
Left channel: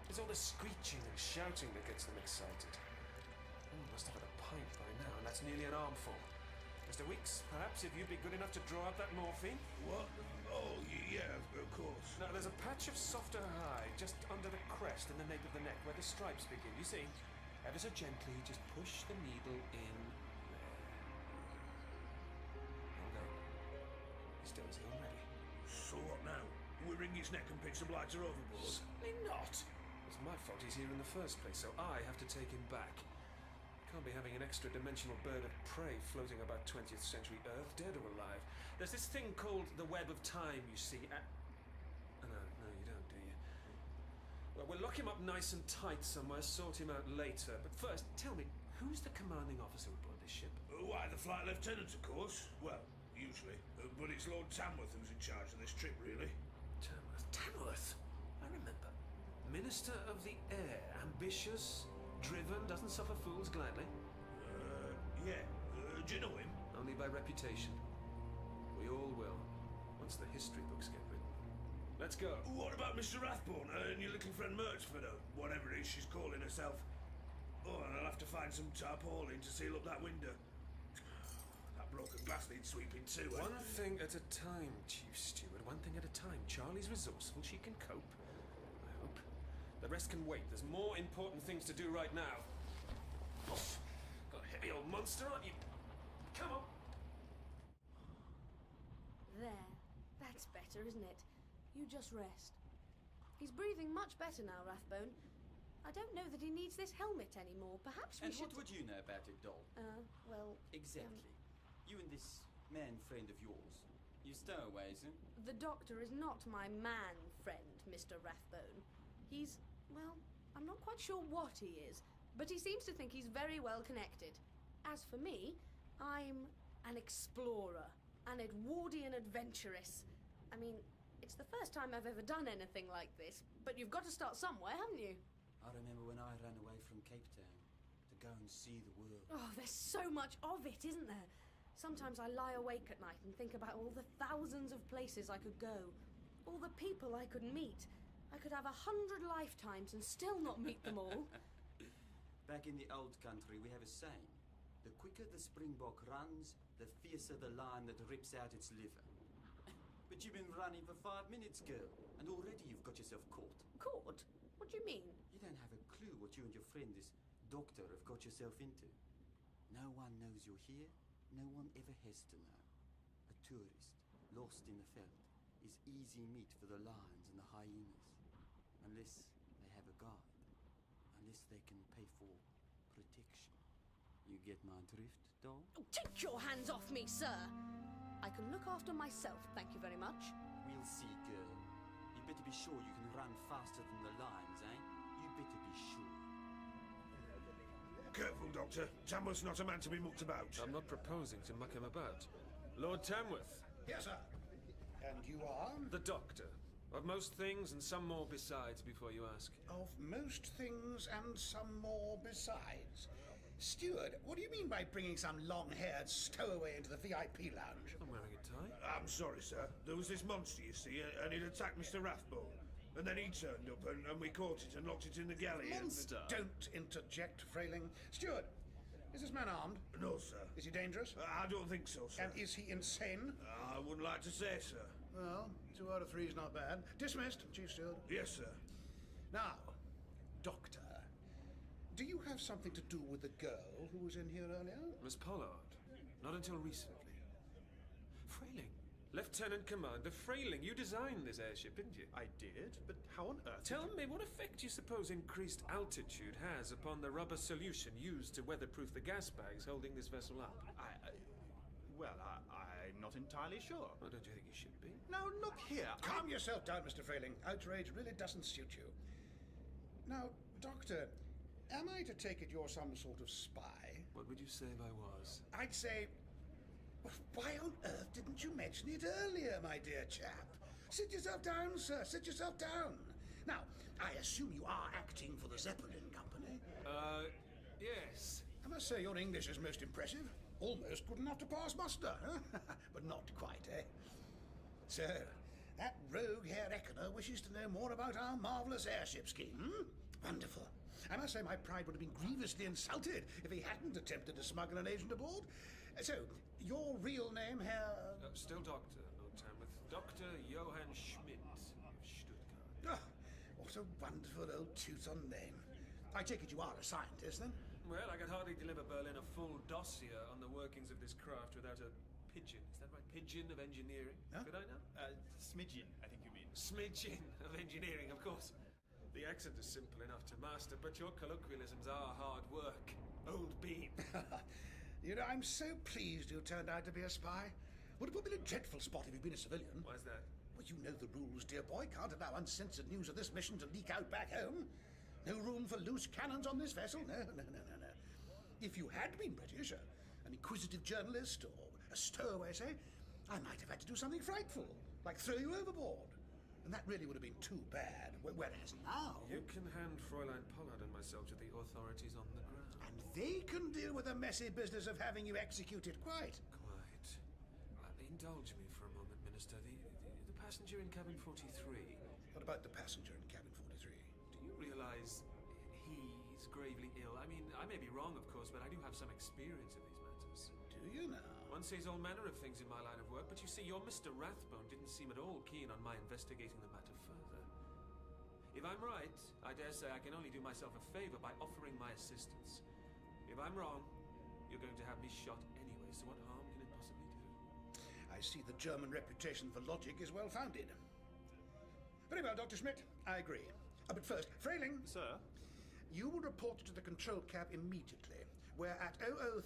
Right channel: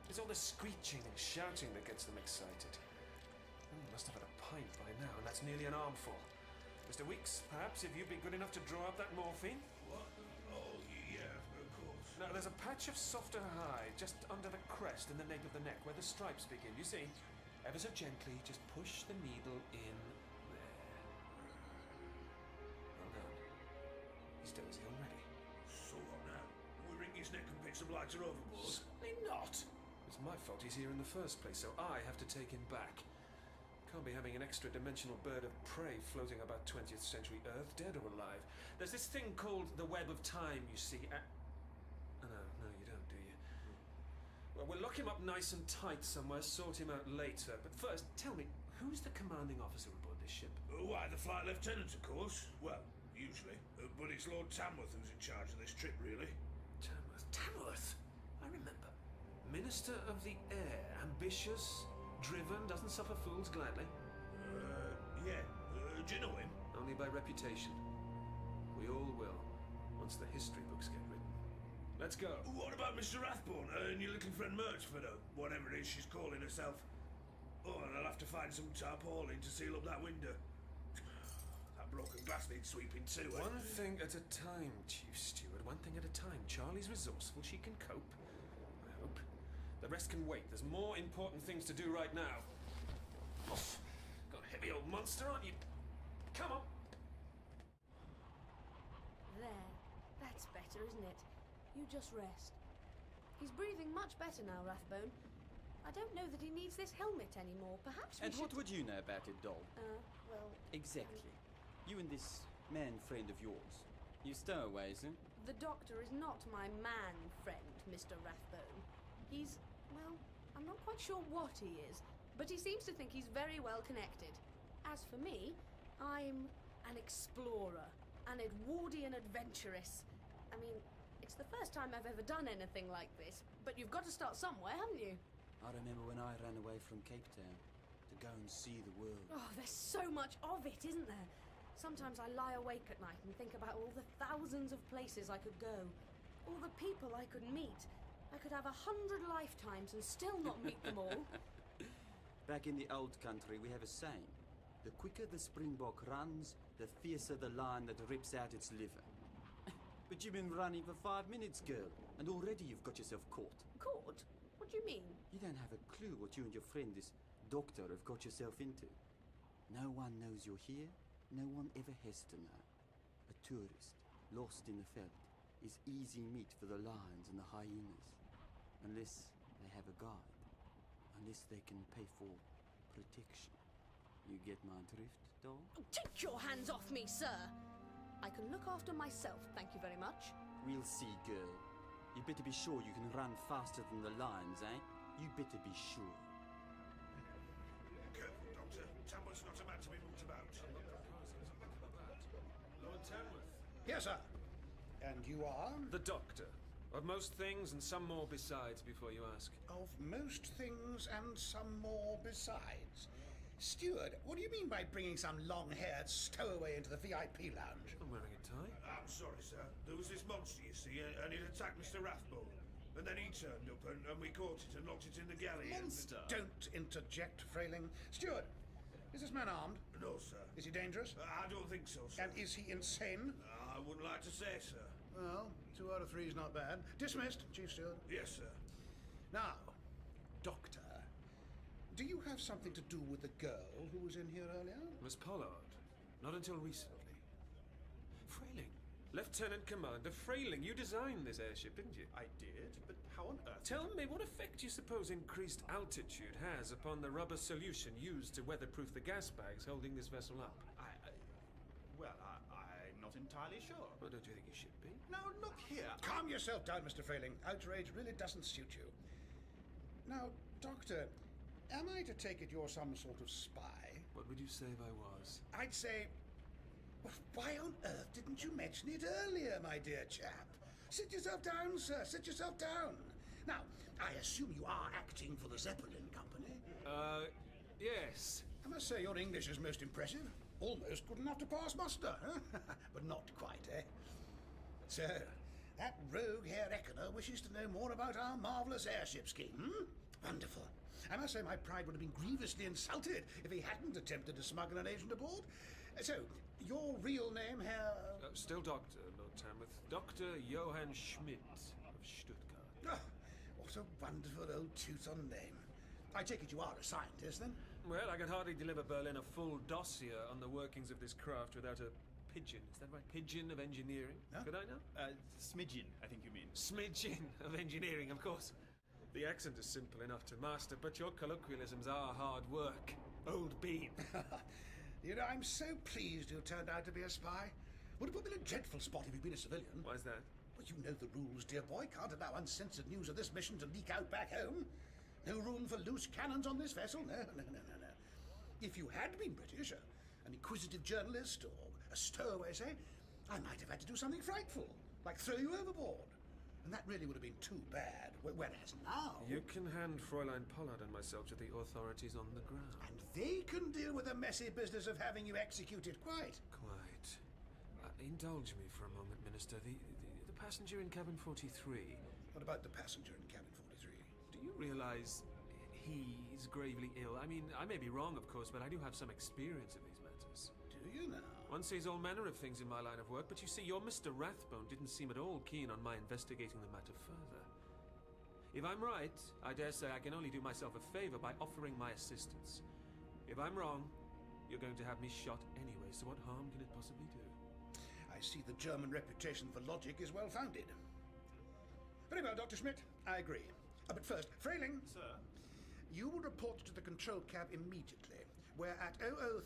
It's all the screeching and shouting that gets them excited. Must have had a pint by now, and that's nearly an armful. Mr. Weeks, perhaps if you'd be good enough to draw up that morphine? What? Oh, yeah, of course. Now, there's a patch of softer hide just under the crest in the nape of the neck where the stripes begin, you see? Ever so gently, just push the needle in there. Well done. He's dozy already. So what now? We wring his neck and pitch the blighter overboard? Certainly not! It's my fault he's here in the first place, so I have to take him back. Can't be having an extra-dimensional bird of prey floating about 20th century Earth, dead or alive. There's this thing called the web of time, you see. No, you don't, do you? Well, we'll lock him up nice and tight somewhere, sort him out later. But first, tell me, who's the commanding officer aboard this ship? Why, the flight lieutenant, of course. Well, usually. But it's Lord Tamworth who's in charge of this trip, really. Tamworth? Tamworth? I remember. Minister of the Air. Ambitious, driven, doesn't suffer fools gladly. Yeah. Do you know him? Only by reputation. We all will, once the history books get written. Let's go. What about Mr. Rathbone and your little friend Murchford, or whatever it is she's calling herself? Oh, and I'll have to find some tarpaulin to seal up that window. That broken glass needs sweeping too. One thing at a time, Chief Steward. One thing at a time. Charlie's resourceful. She can cope. I hope. The rest can wait. There's more important things to do right now. Oof. Got a heavy old monster, aren't you? Come on. There. That's better, isn't it? You just rest. He's breathing much better now, Rathbone. I don't know that he needs this helmet anymore. Perhaps we And should... what would you know about it, doll? Well... Exactly. You and this man friend of yours. You stowaways, eh? The Doctor is not my man friend, Mr. Rathbone. He's... well, I'm not quite sure what he is, but he seems to think he's very well connected. As for me, I'm an explorer, an Edwardian adventuress. I mean, it's the first time I've ever done anything like this, but you've got to start somewhere, haven't you? I remember when I ran away from Cape Town to go and see the world. Oh, there's so much of it, isn't there? Sometimes I lie awake at night and think about all the thousands of places I could go, all the people I could meet. I could have 100 lifetimes and still not meet them all. Back in the old country, we have a saying. The quicker the springbok runs, the fiercer the lion that rips out its liver. But you've been running for 5 minutes, girl, and already you've got yourself caught. Caught? What do you mean? You don't have a clue what you and your friend, this doctor, have got yourself into. No one knows you're here. No one ever has to know. A tourist, lost in the veldt, is easy meat for the lions and the hyenas. Unless they have a guide. Unless they can pay for protection. You get my drift, doll? Oh, take your hands off me, sir! I can look after myself, thank you very much. We'll see, girl. You better be sure you can run faster than the lions, eh? You better be sure. Careful, Doctor. Tamworth's not a man to be mucked about. I'm not proposing to muck him about. Lord Tamworth. Yes, sir. And you are? The Doctor. Of most things and some more besides, before you ask. Of most things and some more besides. Steward, what do you mean by bringing some long-haired stowaway into the VIP lounge? I'm wearing a tie. I'm sorry, sir. There was this monster, you see, and it attacked Mr. Rathbone. And then he turned up, and we caught it and locked it in the galley. Monster! Don't interject, Frayling. Steward, is this man armed? No, sir. Is he dangerous? I don't think so, sir. And is he insane? I wouldn't like to say, sir. Well, 2 out of 3 is not bad. Dismissed, Chief Steward. Yes, sir. Now, Doctor, do you have something to do with the girl who was in here earlier? Miss Pollard. Not until recently. Frayling. Lieutenant Commander Frayling, you designed this airship, didn't you? I did, but how on earth... Tell me, what effect do you suppose increased altitude has upon the rubber solution used to weatherproof the gas bags holding this vessel up? I'm not entirely sure. Well, don't you think you should be? Now, look here. Calm yourself down, Mr. Frayling. Outrage really doesn't suit you. Now, Doctor, am I to take it you're some sort of spy? What would you say if I was? I'd say... Why on earth didn't you mention it earlier, my dear chap? Sit yourself down, sir. Sit yourself down. Now, I assume you are acting for the Zeppelin Company? Yes. I must say your English is most impressive. Almost good enough to pass muster, huh? But not quite, eh? So, that rogue Herr Eckener wishes to know more about our marvellous airship scheme, hmm? Wonderful. I must say my pride would have been grievously insulted if he hadn't attempted to smuggle an agent aboard. So, your real name, Herr... Still Doctor, Lord Tamworth. Dr. Johann Schmidt of Stuttgart. Oh, what a wonderful old Teuton name. I take it you are a scientist, then? Well, I could hardly deliver Berlin a full dossier on the workings of this craft without a pigeon. Is that right? Pigeon of engineering? Huh? Could I know? Smidgen, I think you mean. Smidgen of engineering, of course. The accent is simple enough to master, but your colloquialisms are hard work. Old bean. You know, I'm so pleased you turned out to be a spy. Would have put me in a dreadful spot if you'd been a civilian. Why's that? Well, you know the rules, dear boy. Can't allow uncensored news of this mission to leak out back home. No room for loose cannons on this vessel. No. If you had been British, an inquisitive journalist, or a stowaway, say, I might have had to do something frightful, like throw you overboard. And that really would have been too bad. Whereas now... You can hand Fräulein Pollard and myself to the authorities on the ground. And they can deal with the messy business of having you executed, quite. Quite. Indulge me for a moment, Minister. The passenger in cabin 43. What about the passenger in cabin 43? Do you realize he's gravely ill? I mean, I may be wrong, of course, but I do have some experience of these matters. Do you now? One sees all manner of things in my line of work, but you see, your Mr. Rathbone didn't seem at all keen on my investigating the matter further. If I'm right, I dare say I can only do myself a favor by offering my assistance. If I'm wrong, you're going to have me shot anyway, so what harm can it possibly do? I see the German reputation for logic is well founded. Very well, Dr. Schmidt, I agree. But first, Frayling. Sir? You will report to the control cab immediately, where at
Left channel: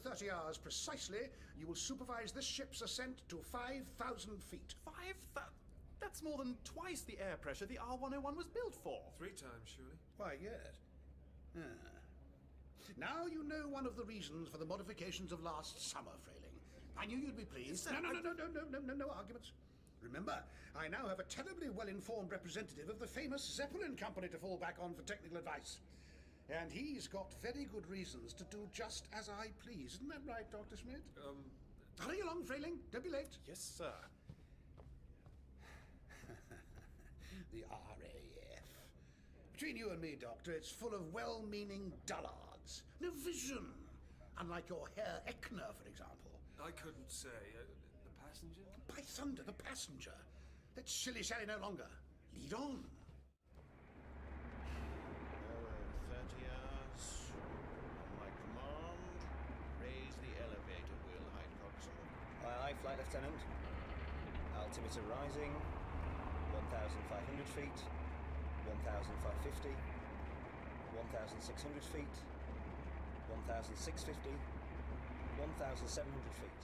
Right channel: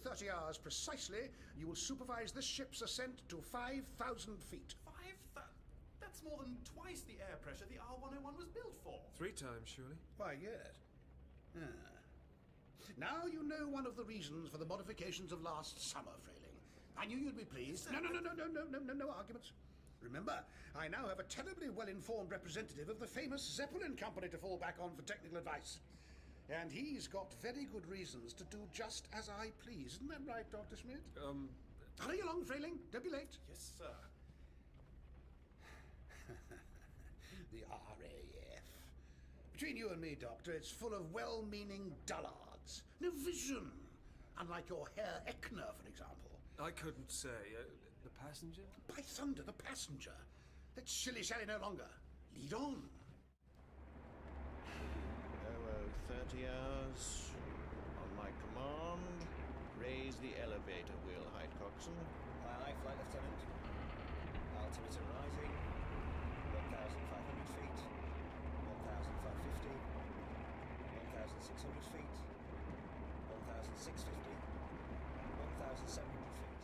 0030 hours precisely, you will supervise this ship's ascent to 5,000 feet. 5,000? That's more than twice the air pressure the R101 was built for. 3 times, surely? Why, yes. Now you know one of the reasons for the modifications of last summer, Frayling. I knew you'd be pleased. Sir, No arguments. Remember, I now have a terribly well-informed representative of the famous Zeppelin Company to fall back on for technical advice. And he's got very good reasons to do just as I please. Isn't that right, Dr. Schmidt? Hurry along, Frayling. Don't be late. Yes, sir. The RAF. Between you and me, Doctor, it's full of well-meaning dullards. No vision. Unlike your Herr Eckner, for example. I couldn't say. The passenger? By thunder, the passenger. Let's shilly-shally no longer. Lead on. 30 hours. On my command, raise the elevator wheel height, coxswain. Aye, Flight Lieutenant. Altimeter rising. 1,500 feet. 1,550. 1,600 feet. 1,650. 1,700 feet.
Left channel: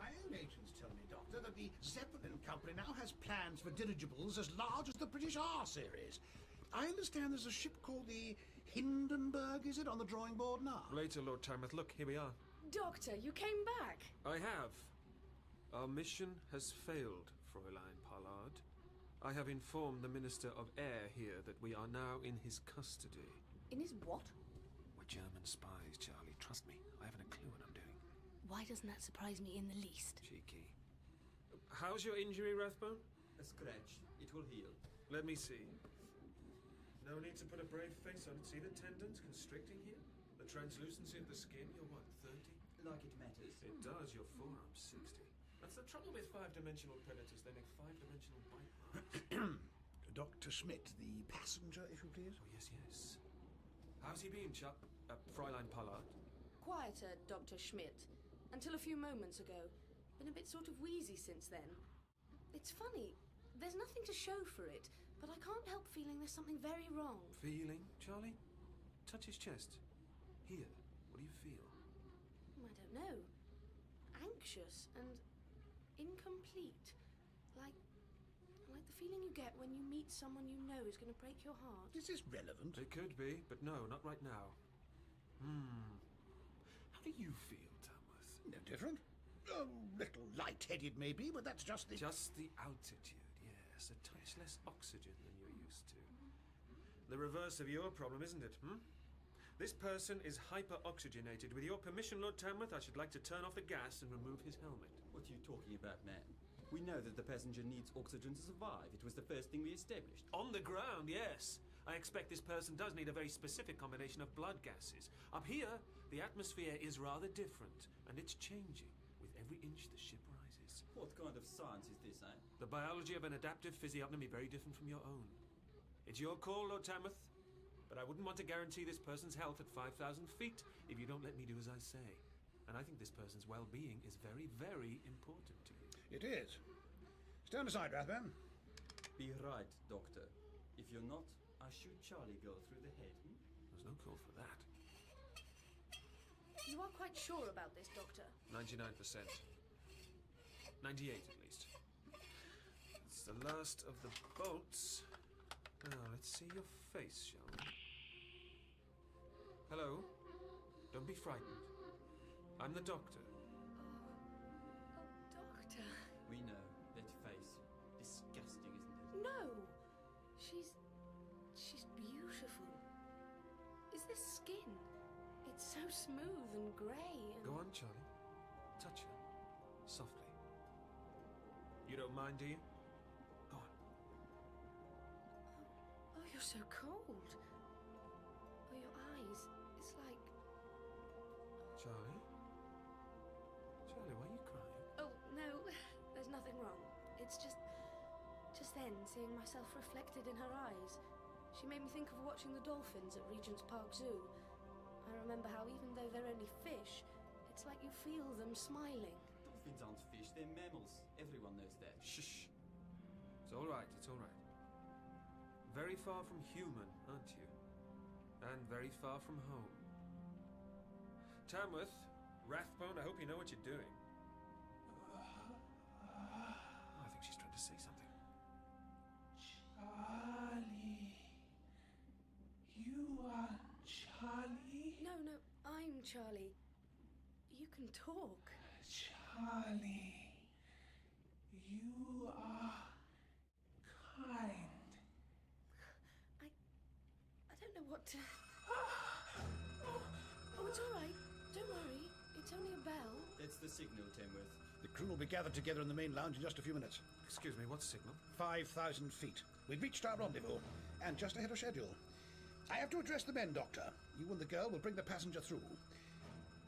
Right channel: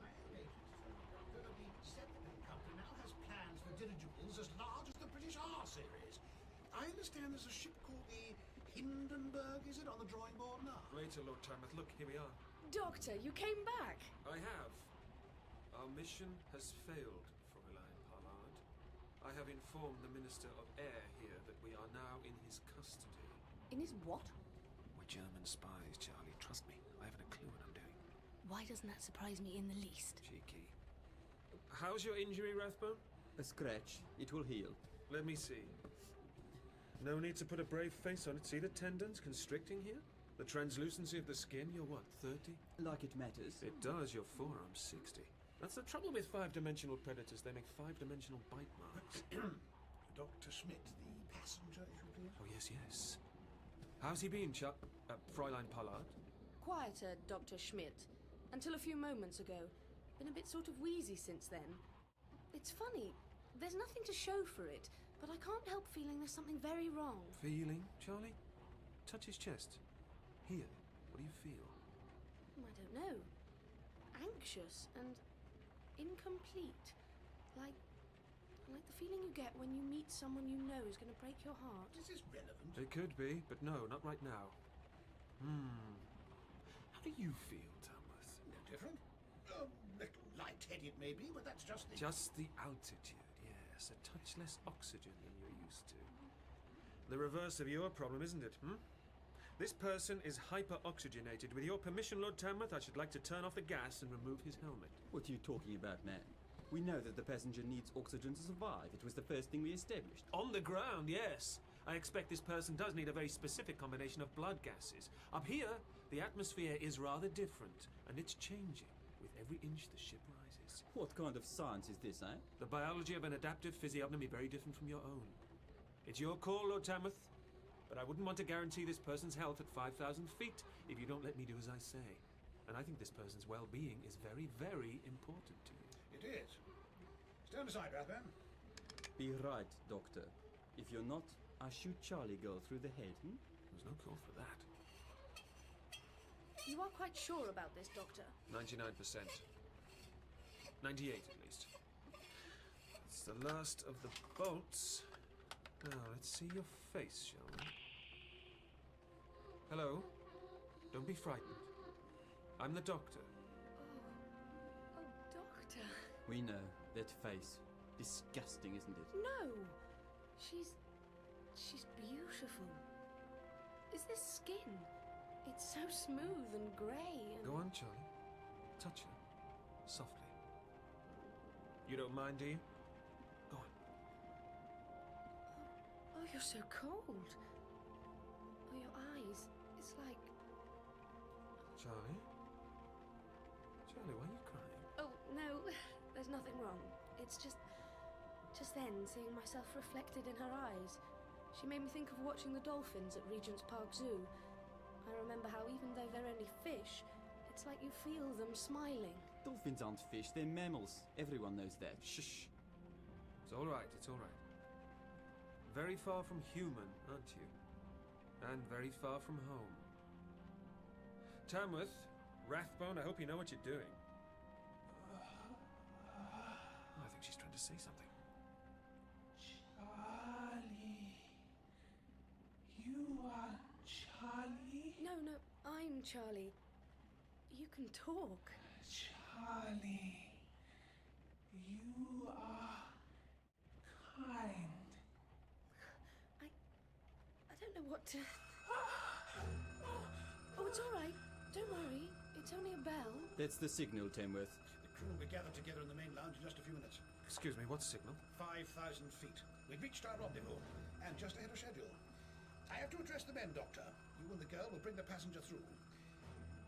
My own agents tell me, Doctor, that the Zeppelin Company now has plans for dirigibles as large as the British R series. I understand there's a ship called the Hindenburg, is it, on the drawing board now? Later, Lord Tarmouth. Look, here we are. Doctor, you came back. I have. Our mission has failed, Fräulein Pollard. I have informed the Minister of Air here that we are now in his custody. In his what? We're German spies, Charlie. Trust me, I haven't a clue what I'm doing. Why doesn't that surprise me in the least? Cheeky. How's your injury, Rathbone? A scratch. It will heal. Let me see. No need to put a brave face on it. See the tendons constricting here? The translucency of the skin, you're what, 30? Like it matters. It does, your forearm's 60. That's the trouble with 5-dimensional predators. They make 5-dimensional bite marks. Dr. Schmidt, the passenger, if you please. Oh, yes. How's he been, Fräulein Pollard? Quieter, Dr. Schmidt. Until a few moments ago. Been a bit sort of wheezy since then. It's funny. There's nothing to show for it. But I can't help feeling there's something very wrong. Feeling, Charlie? Touch his chest. Here. What do you feel? I don't know. Anxious and incomplete. Like the feeling you get when you meet someone you know is going to break your heart. Is this relevant? It could be, but no, not right now. How do you feel, Tamworth? No different. A little light-headed, maybe, but that's just the... Just the altitude. A touch less oxygen than you're used to. The reverse of your problem, isn't it, This person is hyper-oxygenated. With your permission, Lord Tamworth, I should like to turn off the gas and remove his helmet. What are you talking about, man? We know that the passenger needs oxygen to survive. It was the first thing we established. On the ground, yes. I expect this person does need a very specific combination of blood gases. Up here, the atmosphere is rather different, and it's changing. With every inch the ship rises. What kind of science is this, eh? The biology of an adaptive physiognomy very different from your own. It's your call, Lord Tamworth, but I wouldn't want to guarantee this person's health at 5,000 feet if you don't let me do as I say. And I think this person's well-being is very, very important to you. It is. Stand aside, Rathbone. Be right, Doctor. If you're not, I shoot Charlie girl through the head, There's no call for that. You are quite sure about this, Doctor? 99%. 98 at least. the last of the bolts. Now, let's see your face, shall we? Hello? Don't be frightened. I'm the doctor. Oh, Doctor. We know. That face. Disgusting, isn't it? No! She's beautiful. Is this skin? It's so smooth and grey and... Go on, Charlie. Touch her. Softly. You don't mind, do you? Go on. Oh, you're so cold. Oh, your eyes. It's like... Charlie? Charlie, why are you crying? Oh, no. There's nothing wrong. It's just then, seeing myself reflected in her eyes. She made me think of watching the dolphins at Regent's Park Zoo. I remember how even though they're only fish, it's like you feel them smiling. Dolphins aren't fish, they're mammals. Everyone knows that. Shh. It's all right, it's all right. Very far from human, aren't you? And very far from home. Tamworth, Rathbone, I hope you know what you're doing. Oh, I think she's trying to say something. Charlie. You are Charlie? No, I'm Charlie. You can talk. Charlie. You are kind. I don't know what to... Oh, it's all right. Don't worry. It's only a bell. That's the signal, Tamworth. The crew will be gathered together in the main lounge in just a few minutes. Excuse me, what's signal? 5,000 feet. We've reached our rendezvous, and just ahead of schedule. I have to address the men, Doctor. You and the girl will bring the passenger through.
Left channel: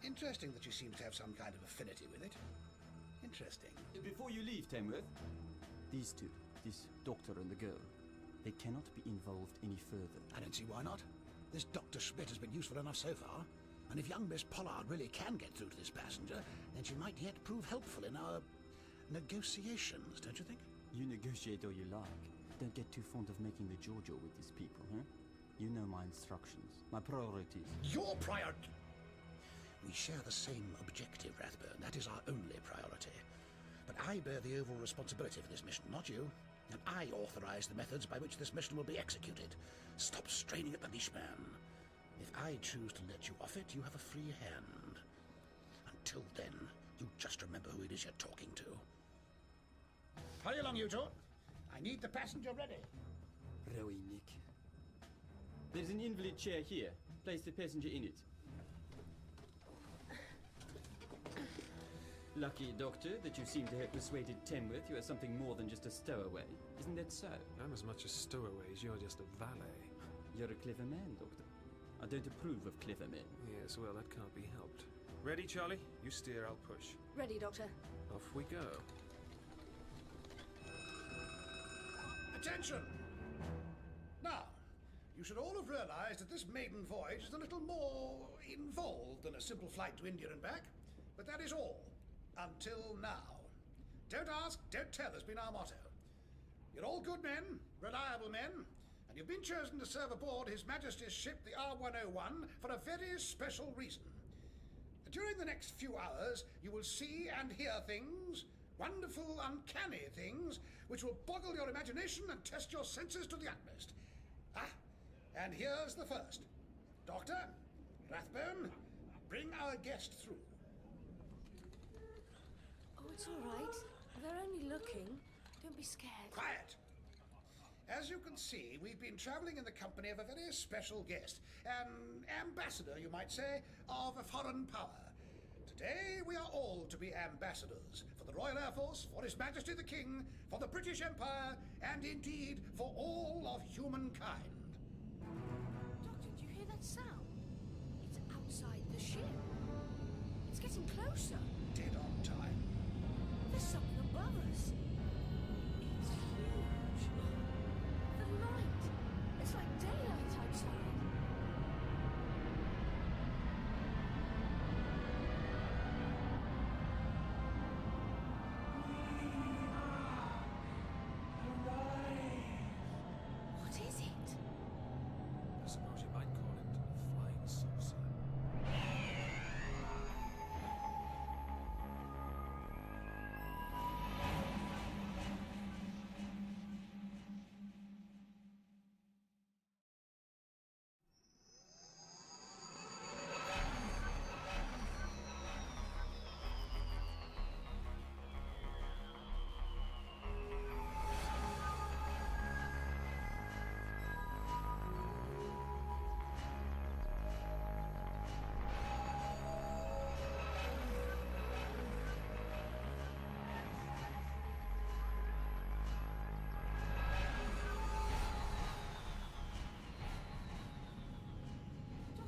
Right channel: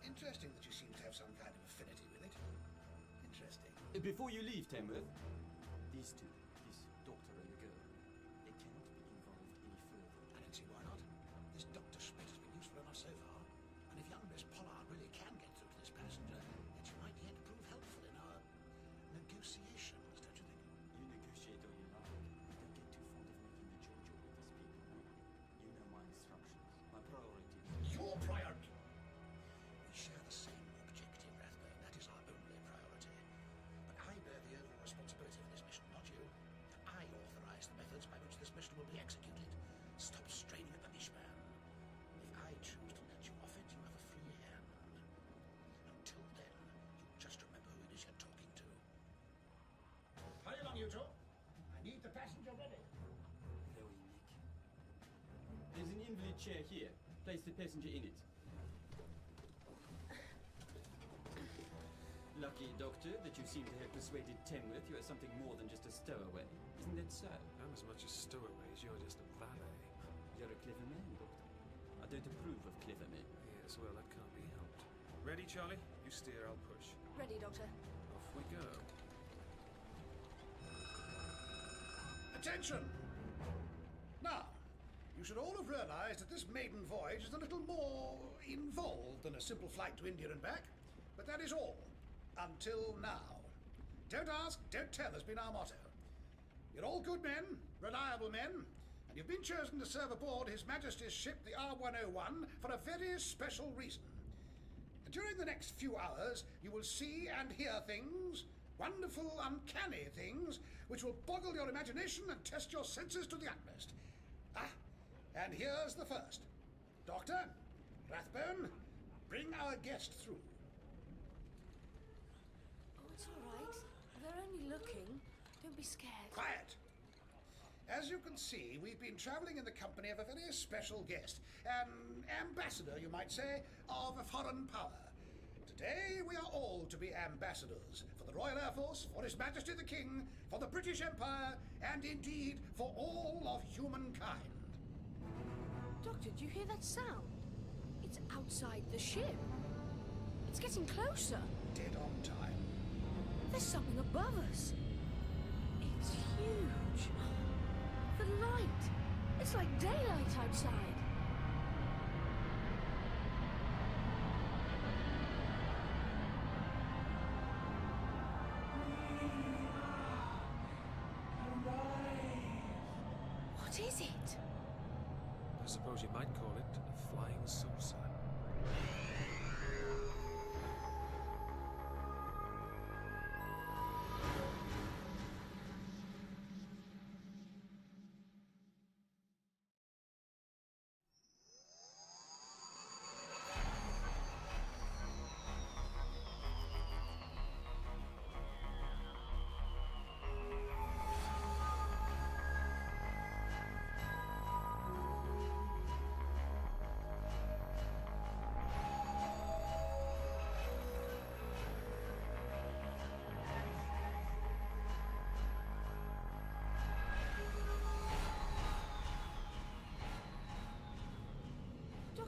Interesting that you seem to have some kind of affinity with it. Interesting. Before you leave, Tamworth, these two, this doctor and the girl, they cannot be involved any further. I don't see why not. This Dr. Schmidt has been useful enough so far, and if young Miss Pollard really can get through to this passenger, then she might yet prove helpful in our negotiations, don't you think? You negotiate all you like. Don't get too fond of making the Giorgio with these people, huh? You know my instructions, my priorities. Your priority? We share the same objective, Rathbone. That is our only priority. But I bear the overall responsibility for this mission, not you. And I authorize the methods by which this mission will be executed. Stop straining at the leash, man. If I choose to let you off it, you have a free hand. Until then, you just remember who it is you're talking to. Hurry along, you two. I need the passenger ready. Rowie, Nick. There's an invalid chair here. Place the passenger in it. Lucky, Doctor, that you seem to have persuaded Tamworth you are something more than just a stowaway. Isn't that so? I'm as much a stowaway as you're just a valet. You're a clever man, Doctor. I don't approve of clever men. Yes, well, that can't be helped. Ready, Charlie? You steer, I'll push. Ready, Doctor. Off we go. Attention! Now, you should all have realized that this maiden voyage is a little more involved than a simple flight to India and back. But that is all. Until now. Don't ask, don't tell has been our motto. You're all good men, reliable men, and you've been chosen to serve aboard His Majesty's ship, the R101, for a very special reason. During the next few hours, you will see and hear things, wonderful, uncanny things, which will boggle your imagination and test your senses to the utmost. And here's the first. Doctor, Rathbone, bring our guest through. Oh, it's all right. They're only looking. Don't be scared. Quiet! As you can see, we've been travelling in the company of a very special guest, an ambassador, you might say, of a foreign power. Today we are all to be ambassadors for the Royal Air Force, for His Majesty the King, for the British Empire, and indeed for all of humankind. Doctor, do you hear that sound? It's outside the ship. It's getting closer. Dead on time. There's something above us. It's huge. The light. It's like daylight outside. What is it? I suppose you might call it a flying saucer.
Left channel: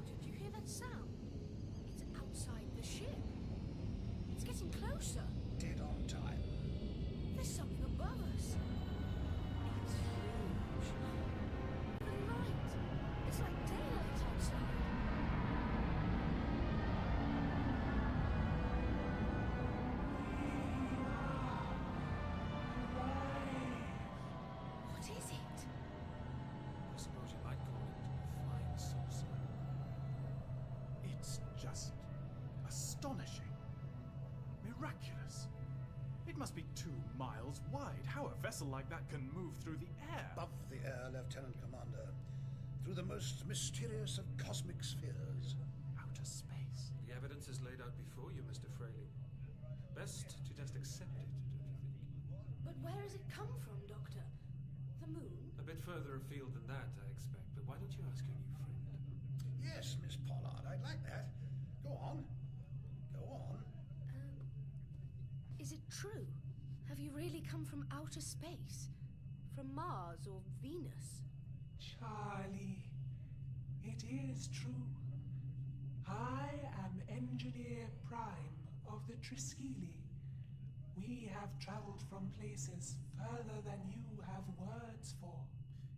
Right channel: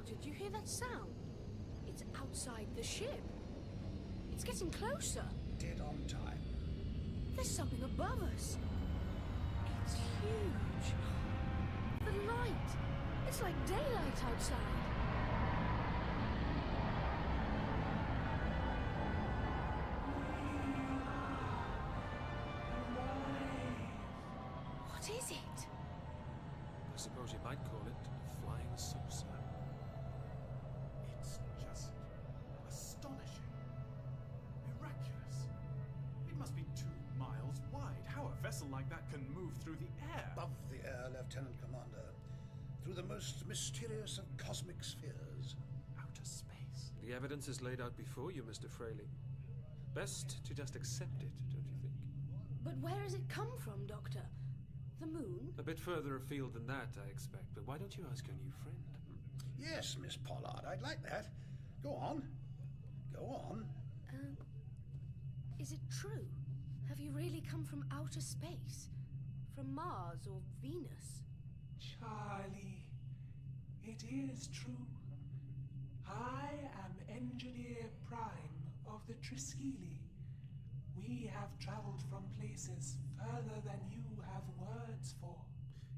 Doctor, do you hear that sound? It's outside the ship. It's getting closer. Dead on time. There's something above us. It's huge. The light. It's like daylight outside. What is it? I suppose you might call it a flying saucer. It's just astonishing. Miraculous. It must be 2 miles wide. How a vessel like that can move through the air. Above the air, Lieutenant Commander. Through the most mysterious of cosmic spheres. Outer space. The evidence is laid out before you, Mr. Fraley. Best to just accept it, don't you think? But where has it come from, Doctor? The moon? A bit further afield than that, I expect. But why don't you ask your new friend? Yes, Miss Pollard, I'd like that. Go on. Go on. Is it true? Have you really come from outer space? From Mars or Venus? Charlie, it is true. I am Engineer Prime of the Triskele. We have traveled from places further than you have words for.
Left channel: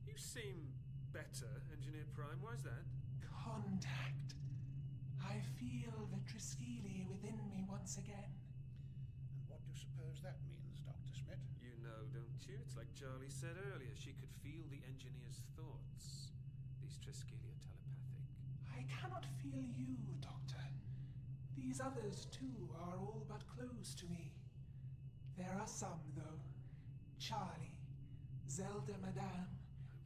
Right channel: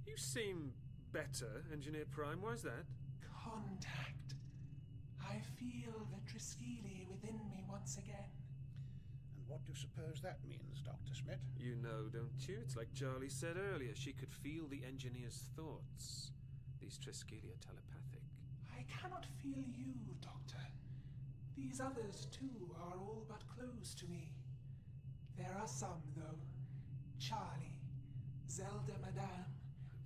You seem better, Engineer Prime. Why's that? Contact. I feel the Triskele within me once again. And what do you suppose that means, Dr. Smith? You know, don't you? It's like Charlie said earlier. She could feel the engineer's thoughts. These Triskele are telepathic. I cannot feel you, Doctor. These others, too, are all but close to me. There are some, though. Charlie, Zelda Madame.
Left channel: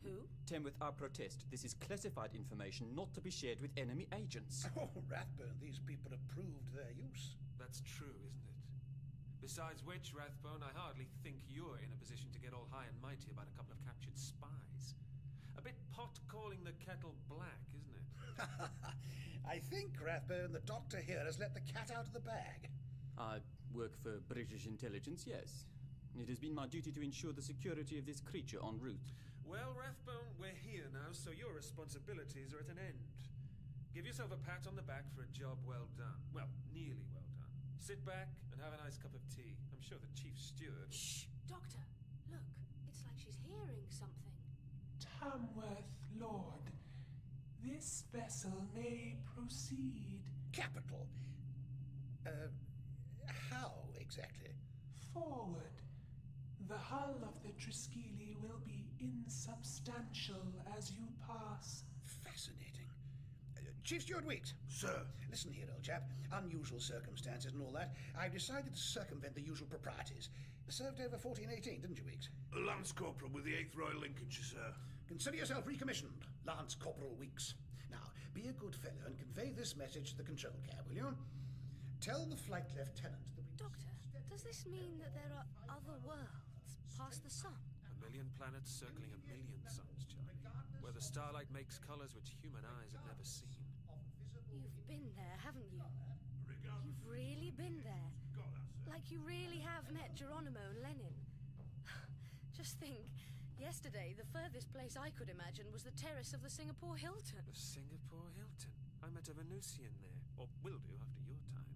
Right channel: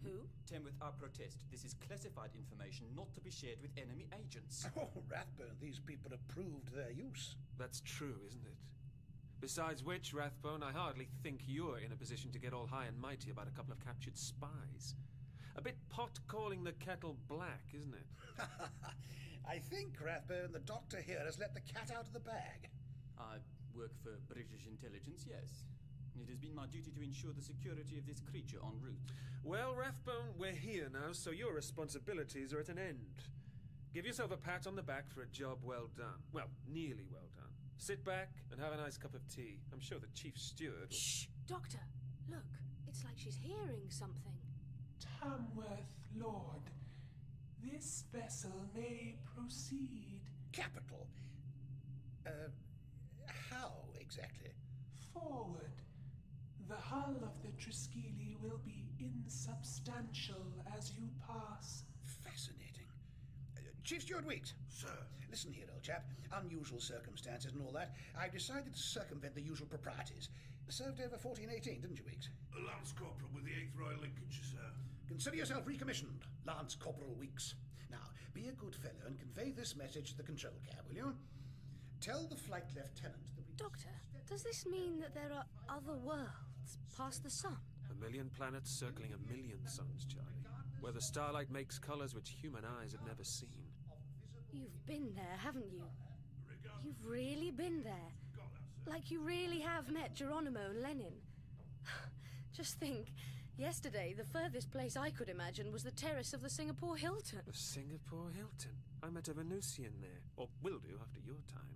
Who? Tamworth, I protest. This is classified information not to be shared with enemy agents. Oh, Rathbone, these people have proved their use. That's true, isn't it? Besides which, Rathbone, I hardly think you're in a position to get all high and mighty about a couple of captured spies. A bit pot calling the kettle black, isn't it? I think, Rathbone, the Doctor here has let the cat out of the bag. I work for British intelligence, yes. It has been my duty to ensure the security of this creature en route. Well, Rathbone, we're here now, so your responsibilities are at an end. Give yourself a pat on the back for a job well done. Well, nearly well done. Sit back and have a nice cup of tea. I'm sure the chief steward... Shh! Doctor, look. It's like she's hearing something. Tamworth, Lord. This vessel may proceed. Capital. How exactly? Forward. The hull of the Triskele will be insubstantial as you pass. Fascinating. Chief Steward Weeks. Sir. Listen here, old chap. Unusual circumstances and all that. I've decided to circumvent the usual proprieties. Served over 1418, didn't you, Weeks? Lance Corporal with the 8th Royal Lincolnshire, sir. Consider yourself recommissioned, Lance Corporal Weeks. Now, be a good fellow and convey this message to the control cab, will you? Tell the flight lieutenant that we... Doctor, does this mean that there are other worlds past the sun? 1,000,000 planets circling 1,000,000 suns, Charlie. Where the starlight makes colours which human eyes have never seen. You've been there, haven't you? You've really been there. Like you really have met Geronimo and Lenin. Just think, yesterday the furthest place I could imagine was the terrace of the Singapore Hilton. The Singapore Hilton? I met a Venusian there. Or will do after your time.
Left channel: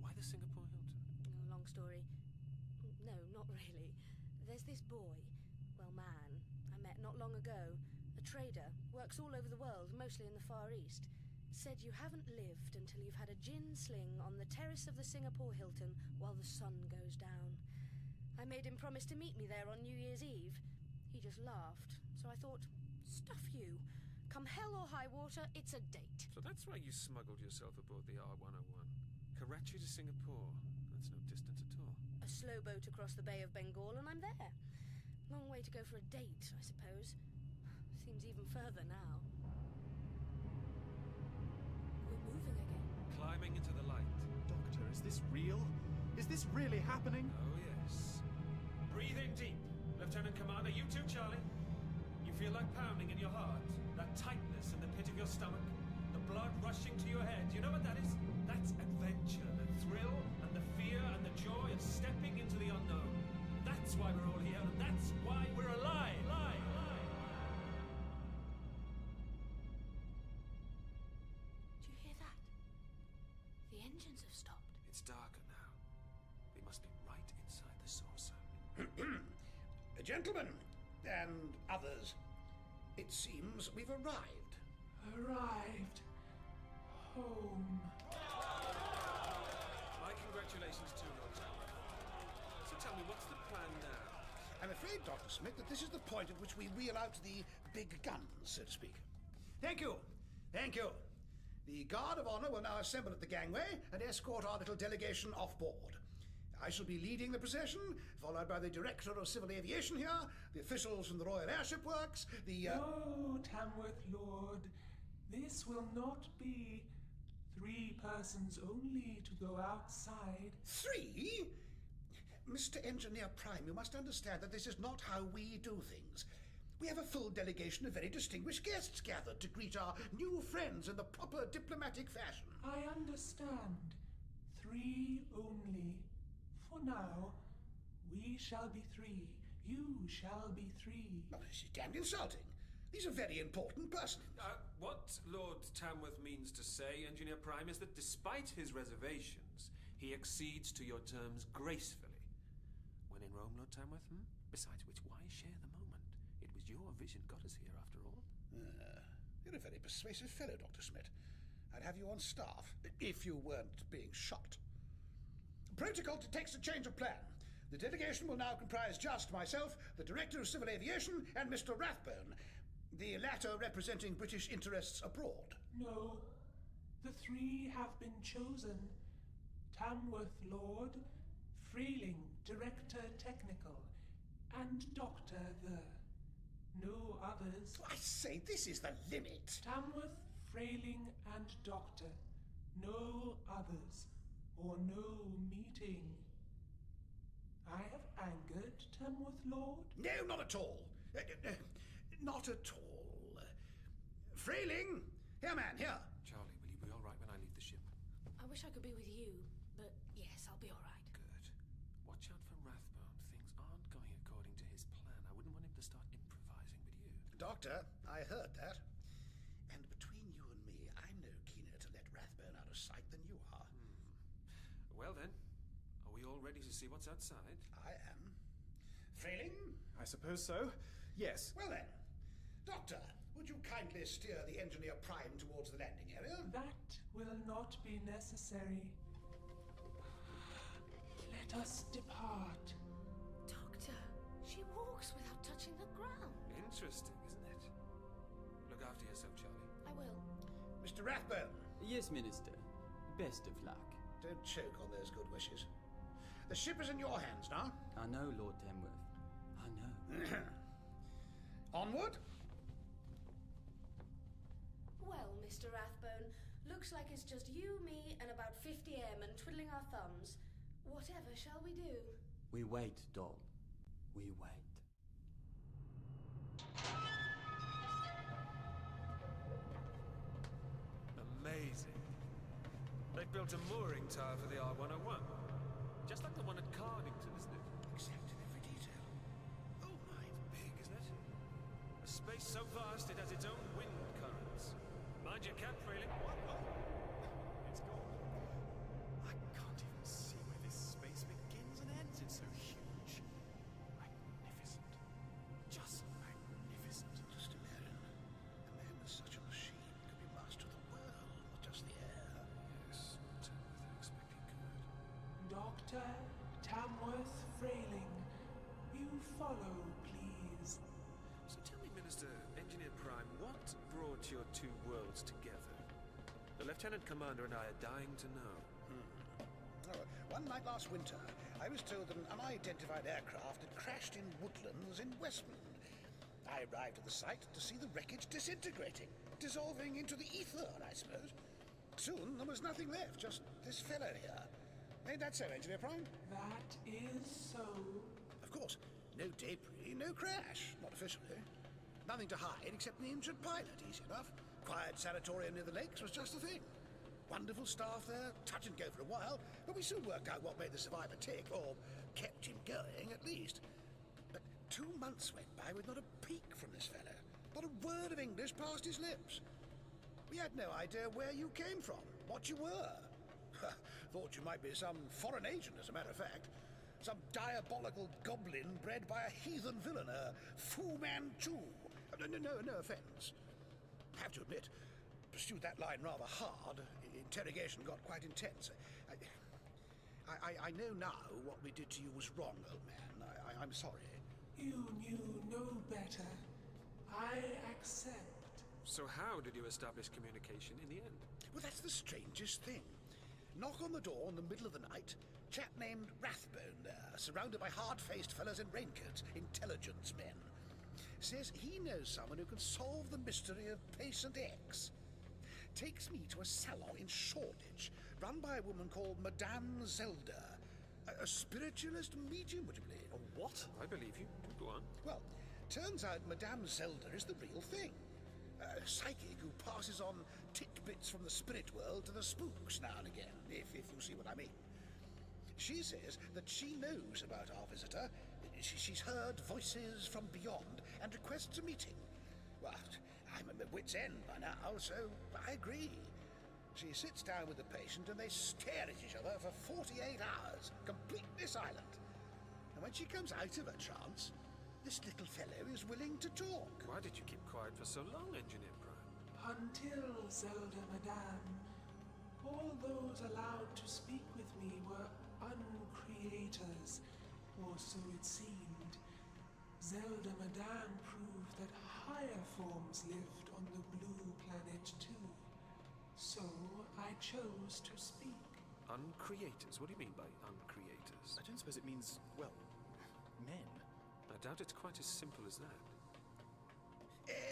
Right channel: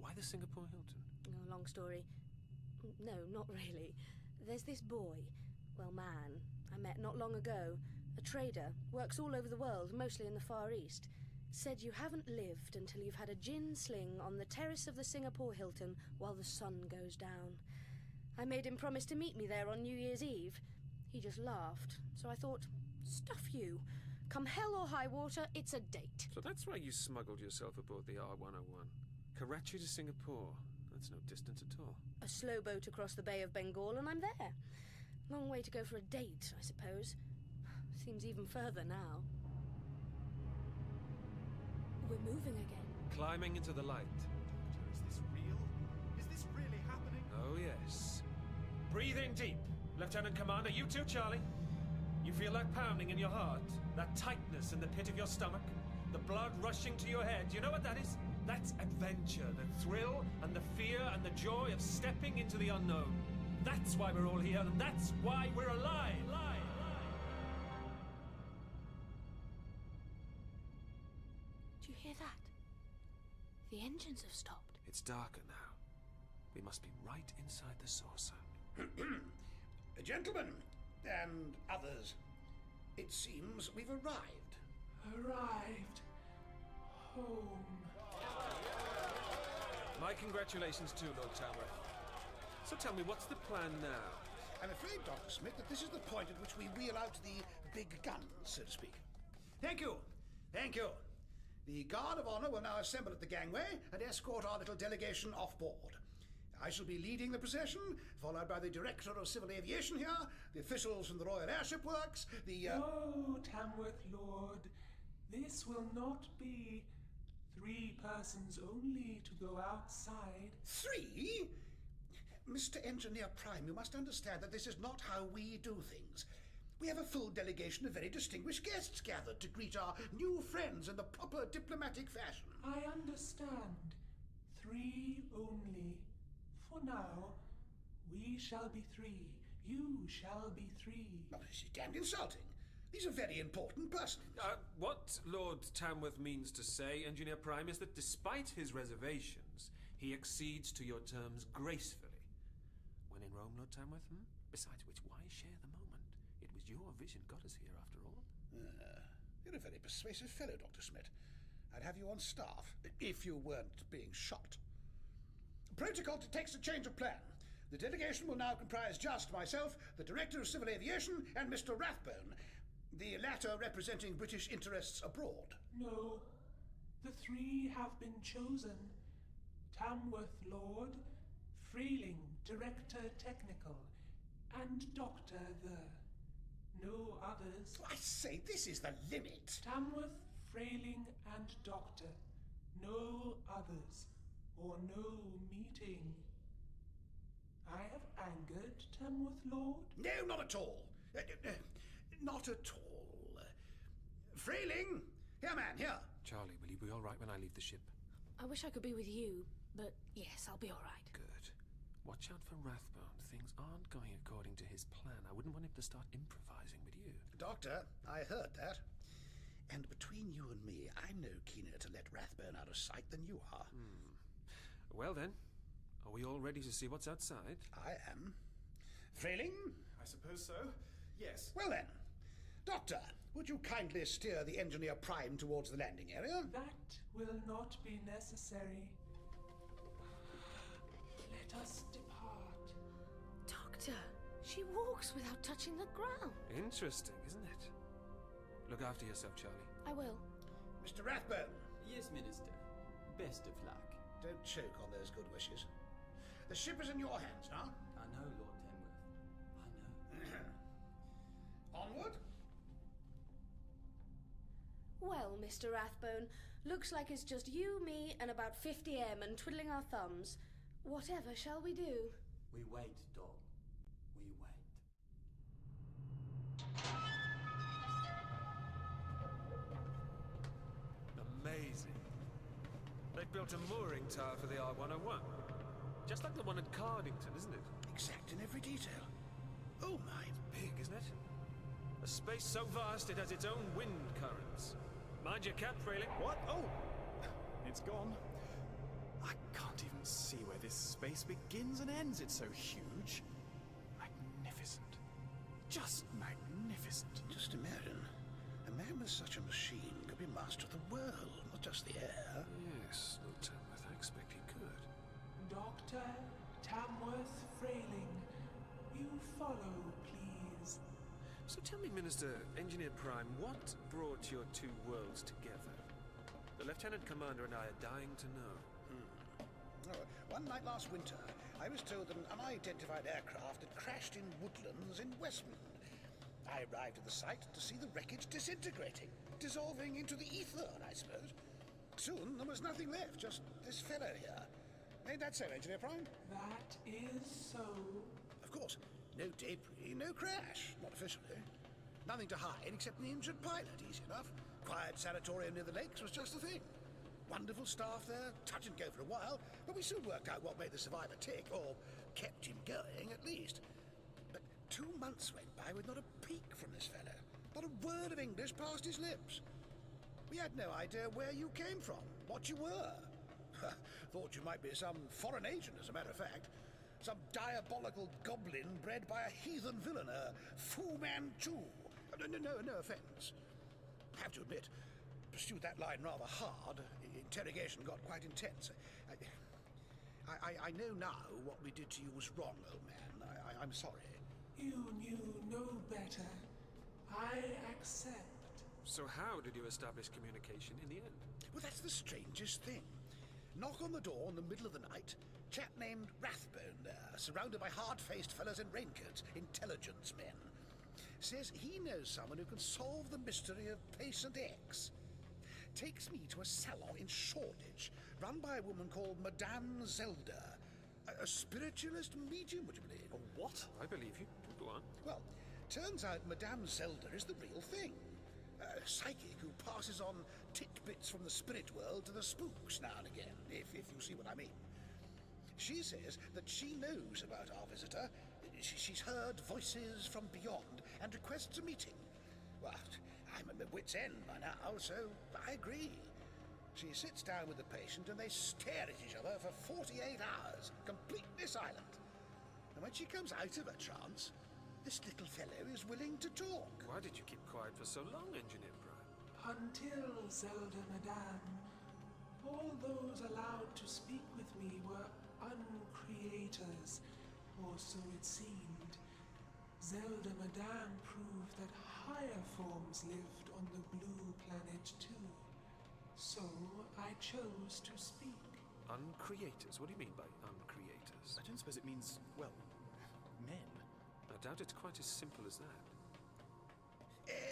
Why the Singapore Hilton? Oh, long story. No, not really. There's this boy, well, man, I met not long ago. A trader, works all over the world, mostly in the Far East. Said you haven't lived until you've had a gin sling on the terrace of the Singapore Hilton while the sun goes down. I made him promise to meet me there on New Year's Eve. He just laughed, so I thought, stuff you. Come hell or high water, it's a date. So that's why you smuggled yourself aboard the R101. Karachi to Singapore. That's no distance at all. A slow boat across the Bay of Bengal and I'm there. Long way to go for a date, I suppose. Seems even further now. We're moving again. Climbing into the light. Doctor, is this real? Is this really happening? Oh, yes. Breathe in deep. Lieutenant Commander, you too, Charlie. You feel that pounding in your heart? That tightness in the pit of your stomach? The blood rushing to your head? You know what that is? That's adventure, the thrill and the fear and the joy of stepping into the unknown. That's why we're all here, and that's why we're alive! The engines have stopped. It's darker now. We must be right inside the saucer. Gentlemen, and others, it seems we've arrived. Arrived. Home. My congratulations too, Lord Tamworth. So tell me, what's the plan now? I'm afraid, Dr. Smith, that this is the point at which we wheel out the big guns, so to speak. Thank you. Thank you. The Guard of Honor will now assemble at the gangway and escort our little delegation off board. I shall be leading the procession, followed by the Director of Civil Aviation here, the officials from the Royal Airship Works, the... No, Tamworth Lord. This will not be 3 persons only to go outside. 3? Mr. Engineer Prime, you must understand that this is not how we do things. We have a full delegation of very distinguished guests gathered to greet our new friends in the proper diplomatic fashion. I understand. 3 only. For now, we shall be 3. You shall be 3. Oh, this is damned insulting. These are very important persons. What Lord Tamworth means to say, Engineer Prime, is that despite his reservations, he accedes to your terms gracefully. When in Rome, Lord Tamworth, Besides which, why share the moment? It was your vision got us here, after all. You're a very persuasive fellow, Dr. Smith. I'd have you on staff, if you weren't being shot. Protocol detects a change of plan. The delegation will now comprise just myself, the Director of Civil Aviation, and Mr. Rathbone, the latter representing British interests abroad. No, the 3 have been chosen. Tamworth Lord, Freeling, Director Technical, and Doctor the... No others. I say, this is the limit. Tamworth, Freeling, and Doctor. No others. Or no meeting. I have angered Tamworth Lord? No, not at all. Not at all. Freeling! Here, man, here. Charlie, will you be all right when I leave the ship? I wish I could be with you, but yes, I'll be all right. Good. Watch out for Rathbone. Things aren't going according to his plan. I wouldn't want him to start improvising with you. Doctor, I heard that. And between you and me, I'm no keener to let Rathbone out of sight than you are. Well then, are we all ready to see what's outside? I am. Freeling? I suppose so. Yes. Well then, Doctor, would you kindly steer the Engineer Prime towards the landing area? That will not be necessary. Let us depart. Doctor, she walks without touching the ground. Interesting, isn't it? Look after yourself, Charlie. I will. Mr. Rathbone. Yes, Minister. Best of luck. Don't choke on those good wishes. The ship is in your hands now. I know, Lord Tamworth. I know. Onward? Well, Mr. Rathbone, looks like it's just you, me, and about 50 airmen twiddling our thumbs. Whatever shall we do? We wait, doll. We wait. Amazing. They've built a mooring tower for the R101. Just like the one at Cardington, isn't it? Exact in every detail. Oh my. It's big, isn't it? A space so vast it has its own wind currents. Mind your cap, Freeling. What? Oh! It's gone. I can't even see where this space begins and ends. It's so huge. Magnificent. Just magnificent. Just imagine. A man with such a machine could be master of the world, not just the air. Yes, Lord Tamworth, I expect he could. Dr. Tamworth Freeling, you follow, please. So tell me, Minister, Engineer Prime, what brought your 2 worlds together? The Lieutenant Commander and I are dying to know. One night last winter, I was told that an unidentified aircraft had crashed in woodlands in Westmond. I arrived at the site to see the wreckage disintegrating, dissolving into the ether, I suppose. Soon there was nothing left, just this fellow here. Ain't that so, Engineer Prime? That is so. Of course, no debris, no crash, not officially. Nothing to hide except an injured pilot, easy enough. Quiet sanatorium near the lakes was just the thing. Wonderful staff there, touch and go for a while, but we soon worked out what made the survivor tick, or kept him going at least. But 2 months went by with not a peep from this fellow. Not a word of English passed his lips. We had no idea where you came from, what you were. Thought you might be some foreign agent, as a matter of fact. Some diabolical goblin bred by a heathen villain, a Fu Manchu. No offence. I have to admit, pursued that line rather hard. Interrogation got quite intense. I know now what we did to you was wrong, old man. I'm sorry. You knew no better. I accept. So how did you establish communication in the end? Well, that's the strangest thing. Knock on the door in the middle of the night. Chap named Rathbone there, surrounded by hard-faced fellas in raincoats, intelligence men. Says he knows someone who can solve the mystery of Patient X. Takes me to a salon in Shoreditch, run by a woman called Madame Zelda. A spiritualist medium, would you believe? A what? I believe you. Go on. Well, turns out Madame Zelda is the real thing. A psychic who passes on tidbits from the spirit world to the spooks now and again, if you see what I mean. She says that she knows about our visitor. She's heard voices from beyond and requests a meeting. Well, I'm at my wit's end by now, so I agree. She sits down with the patient and they stare at each other for 48 hours, completely silent. And when she comes out of her trance, this little fellow is willing to talk. Why did you keep quiet for so long, Engineer Prime? Until, Zelda Madame, all those allowed to speak with me were uncreators, or so it seemed. Zelda Madame proved that higher forms lived on the blue planet too. So I chose to speak. Uncreators? What do you mean by uncreators? I don't suppose it means, well, men. I doubt it's quite as simple as that.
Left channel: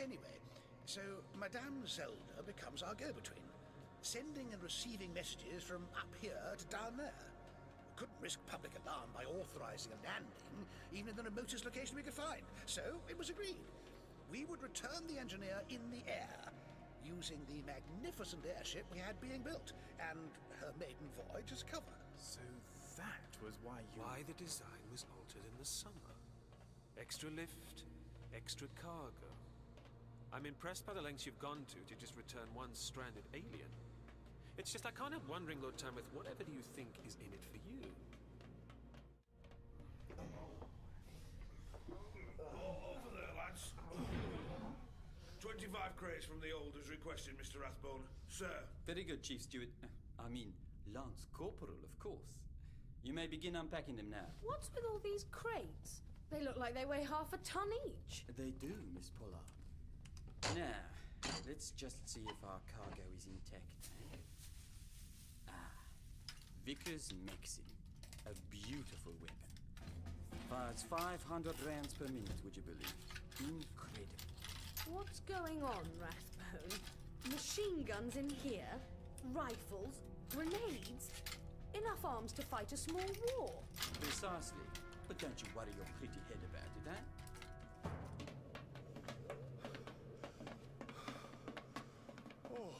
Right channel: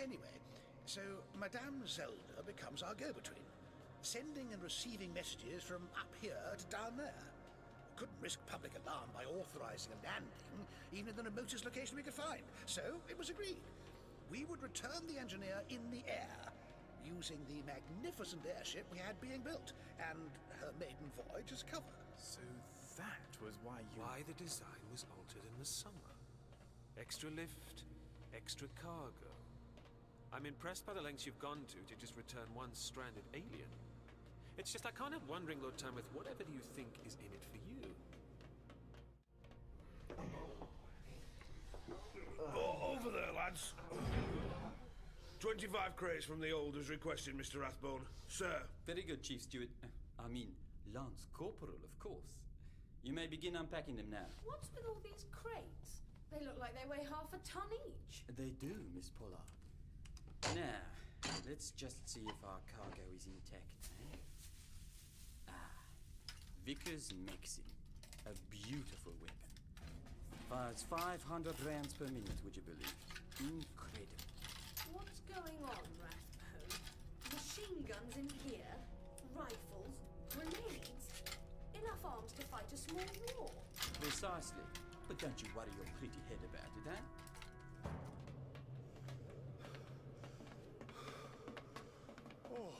Anyway, so Madame Zelda becomes our go-between, sending and receiving messages from up here to down there. Couldn't risk public alarm by authorizing a landing, even in the remotest location we could find. So it was agreed. We would return the engineer in the air, using the magnificent airship we had being built, and her maiden voyage as cover. So that was why you... Why the design was altered in the summer. Extra lift, extra cargo. I'm impressed by the lengths you've gone to just return one stranded alien. It's just I can't help wondering, Lord Tamworth, whatever do you think is in it for you? Over there, lads. 25 crates from the old as requested, Mr. Rathbone. Sir. Very good, Chief Steward. I mean, Lance Corporal, of course. You may begin unpacking them now. What's with all these crates? They look like they weigh half a ton each. They do, Miss Pollard. Now, let's just see if our cargo is intact, eh? Vickers Maxim. A beautiful weapon. Fires 500 rounds per minute, would you believe? Incredible. What's going on, Rathbone? Machine guns in here? Rifles? Grenades? Enough arms to fight a small war. Precisely. But don't you worry your pretty head about it, eh? Oh.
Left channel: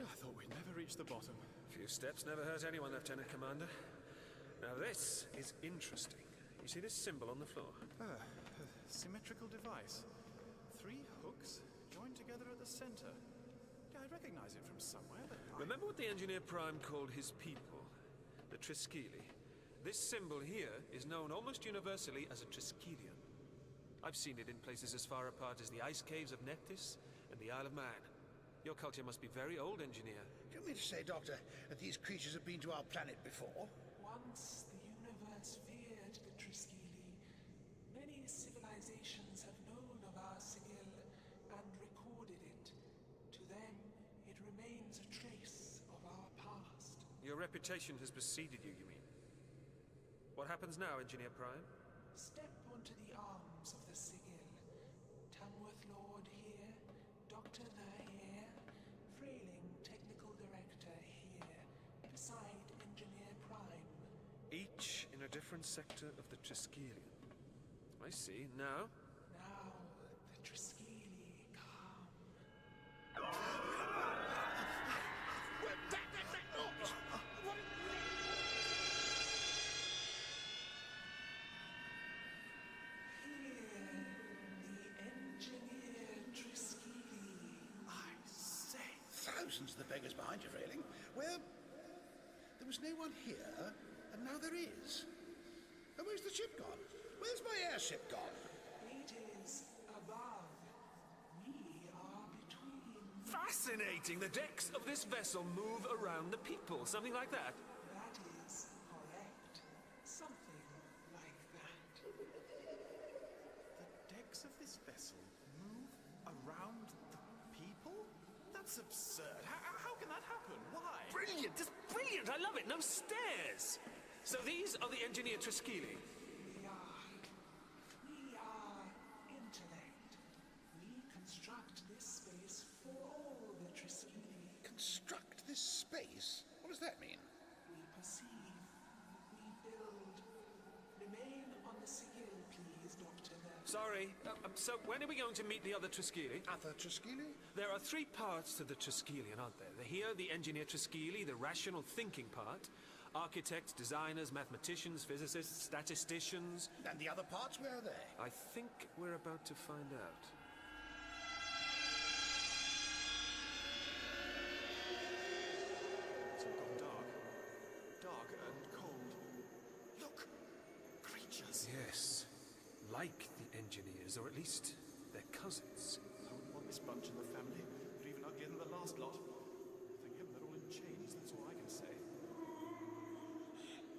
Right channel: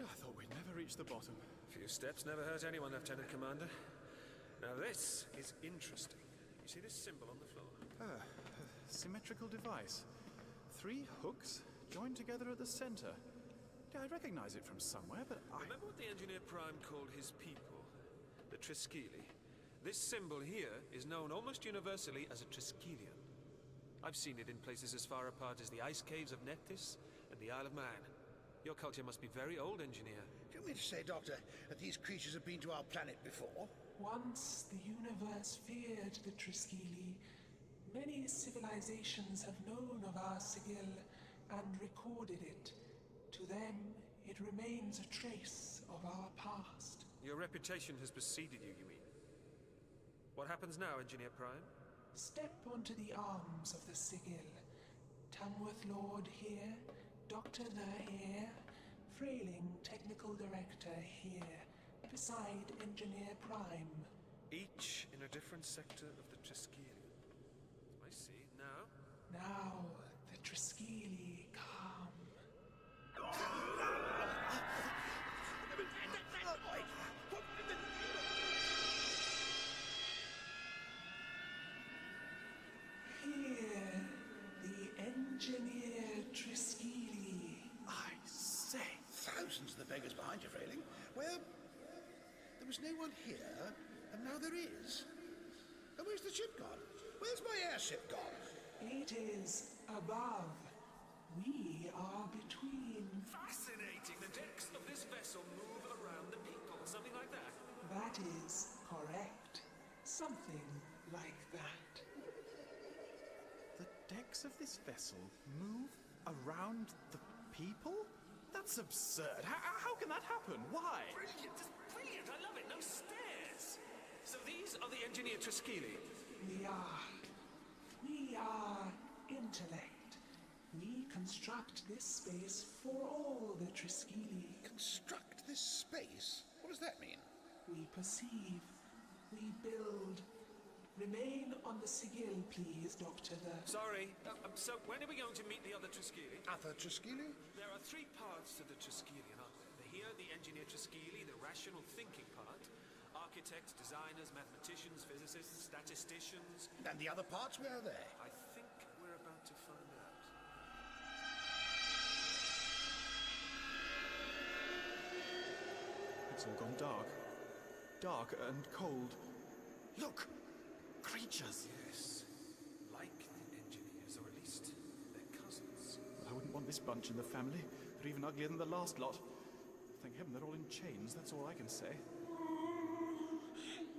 I thought we'd never reach the bottom. Few steps never hurt anyone, Lieutenant Commander. Now this is interesting. You see this symbol on the floor? A symmetrical device. 3 hooks joined together at the center. Yeah, I recognize it from somewhere, but Remember what the Engineer Prime called his people? The Triskeli. This symbol here is known almost universally as a Triskelion. I've seen it in places as far apart as the ice caves of Nephthys and the Isle of Man. Your culture must be very old, Engineer. Do you mean to say, Doctor, that these creatures have been to our planet before? Once the universe feared the Triskeli, many civilizations have known of our sigil and recorded it. To them, it remains a trace of our past. Your reputation has preceded you, you mean? What happens now, Engineer Prime? Step onto the arms of the sigil. Tamworth Lord here, Dr. There here, Frayling Technical Director here, beside Engineer Prime. Each in a different sector of the Triskelion. I see. Now? Now, the Triskeli come. Where was that noise? What in the name of... Here, the Engineer Triskeli. I say, thousands of the beggars behind you, Frayling. Where There was no one here, and now there is. And where's the ship gone? Where's my airship gone? It is above. We are between. Fascinating! The decks of this vessel move around the people, something like that. That is correct. Something like that. The decks of this vessel move around the people? That's absurd. How can that happen? Why? Brilliant! Just brilliant! I love it! No stairs! So these are the engineer Triskeli. We are intellect. We construct this space for all the Triskeli. Construct this space? What does that mean? We perceive. We build. Remain on the sigil, please, Doctor. Sorry. So when are we going to meet the other Triskeli? Other Triskeli? There are 3 parts to the Triskelion, aren't there? Here, the engineer Triskeli, the rational thinking part. Architects, designers, mathematicians, physicists, statisticians. And the other parts, where are they? I think we're about to find out. It's all gone dark. Dark and cold. Look! Creatures! Yes. Like the engineers, or at least their cousins. I wouldn't want this bunch in the family. They're even uglier than the last lot. Thank heaven they're all in chains, that's all I can say.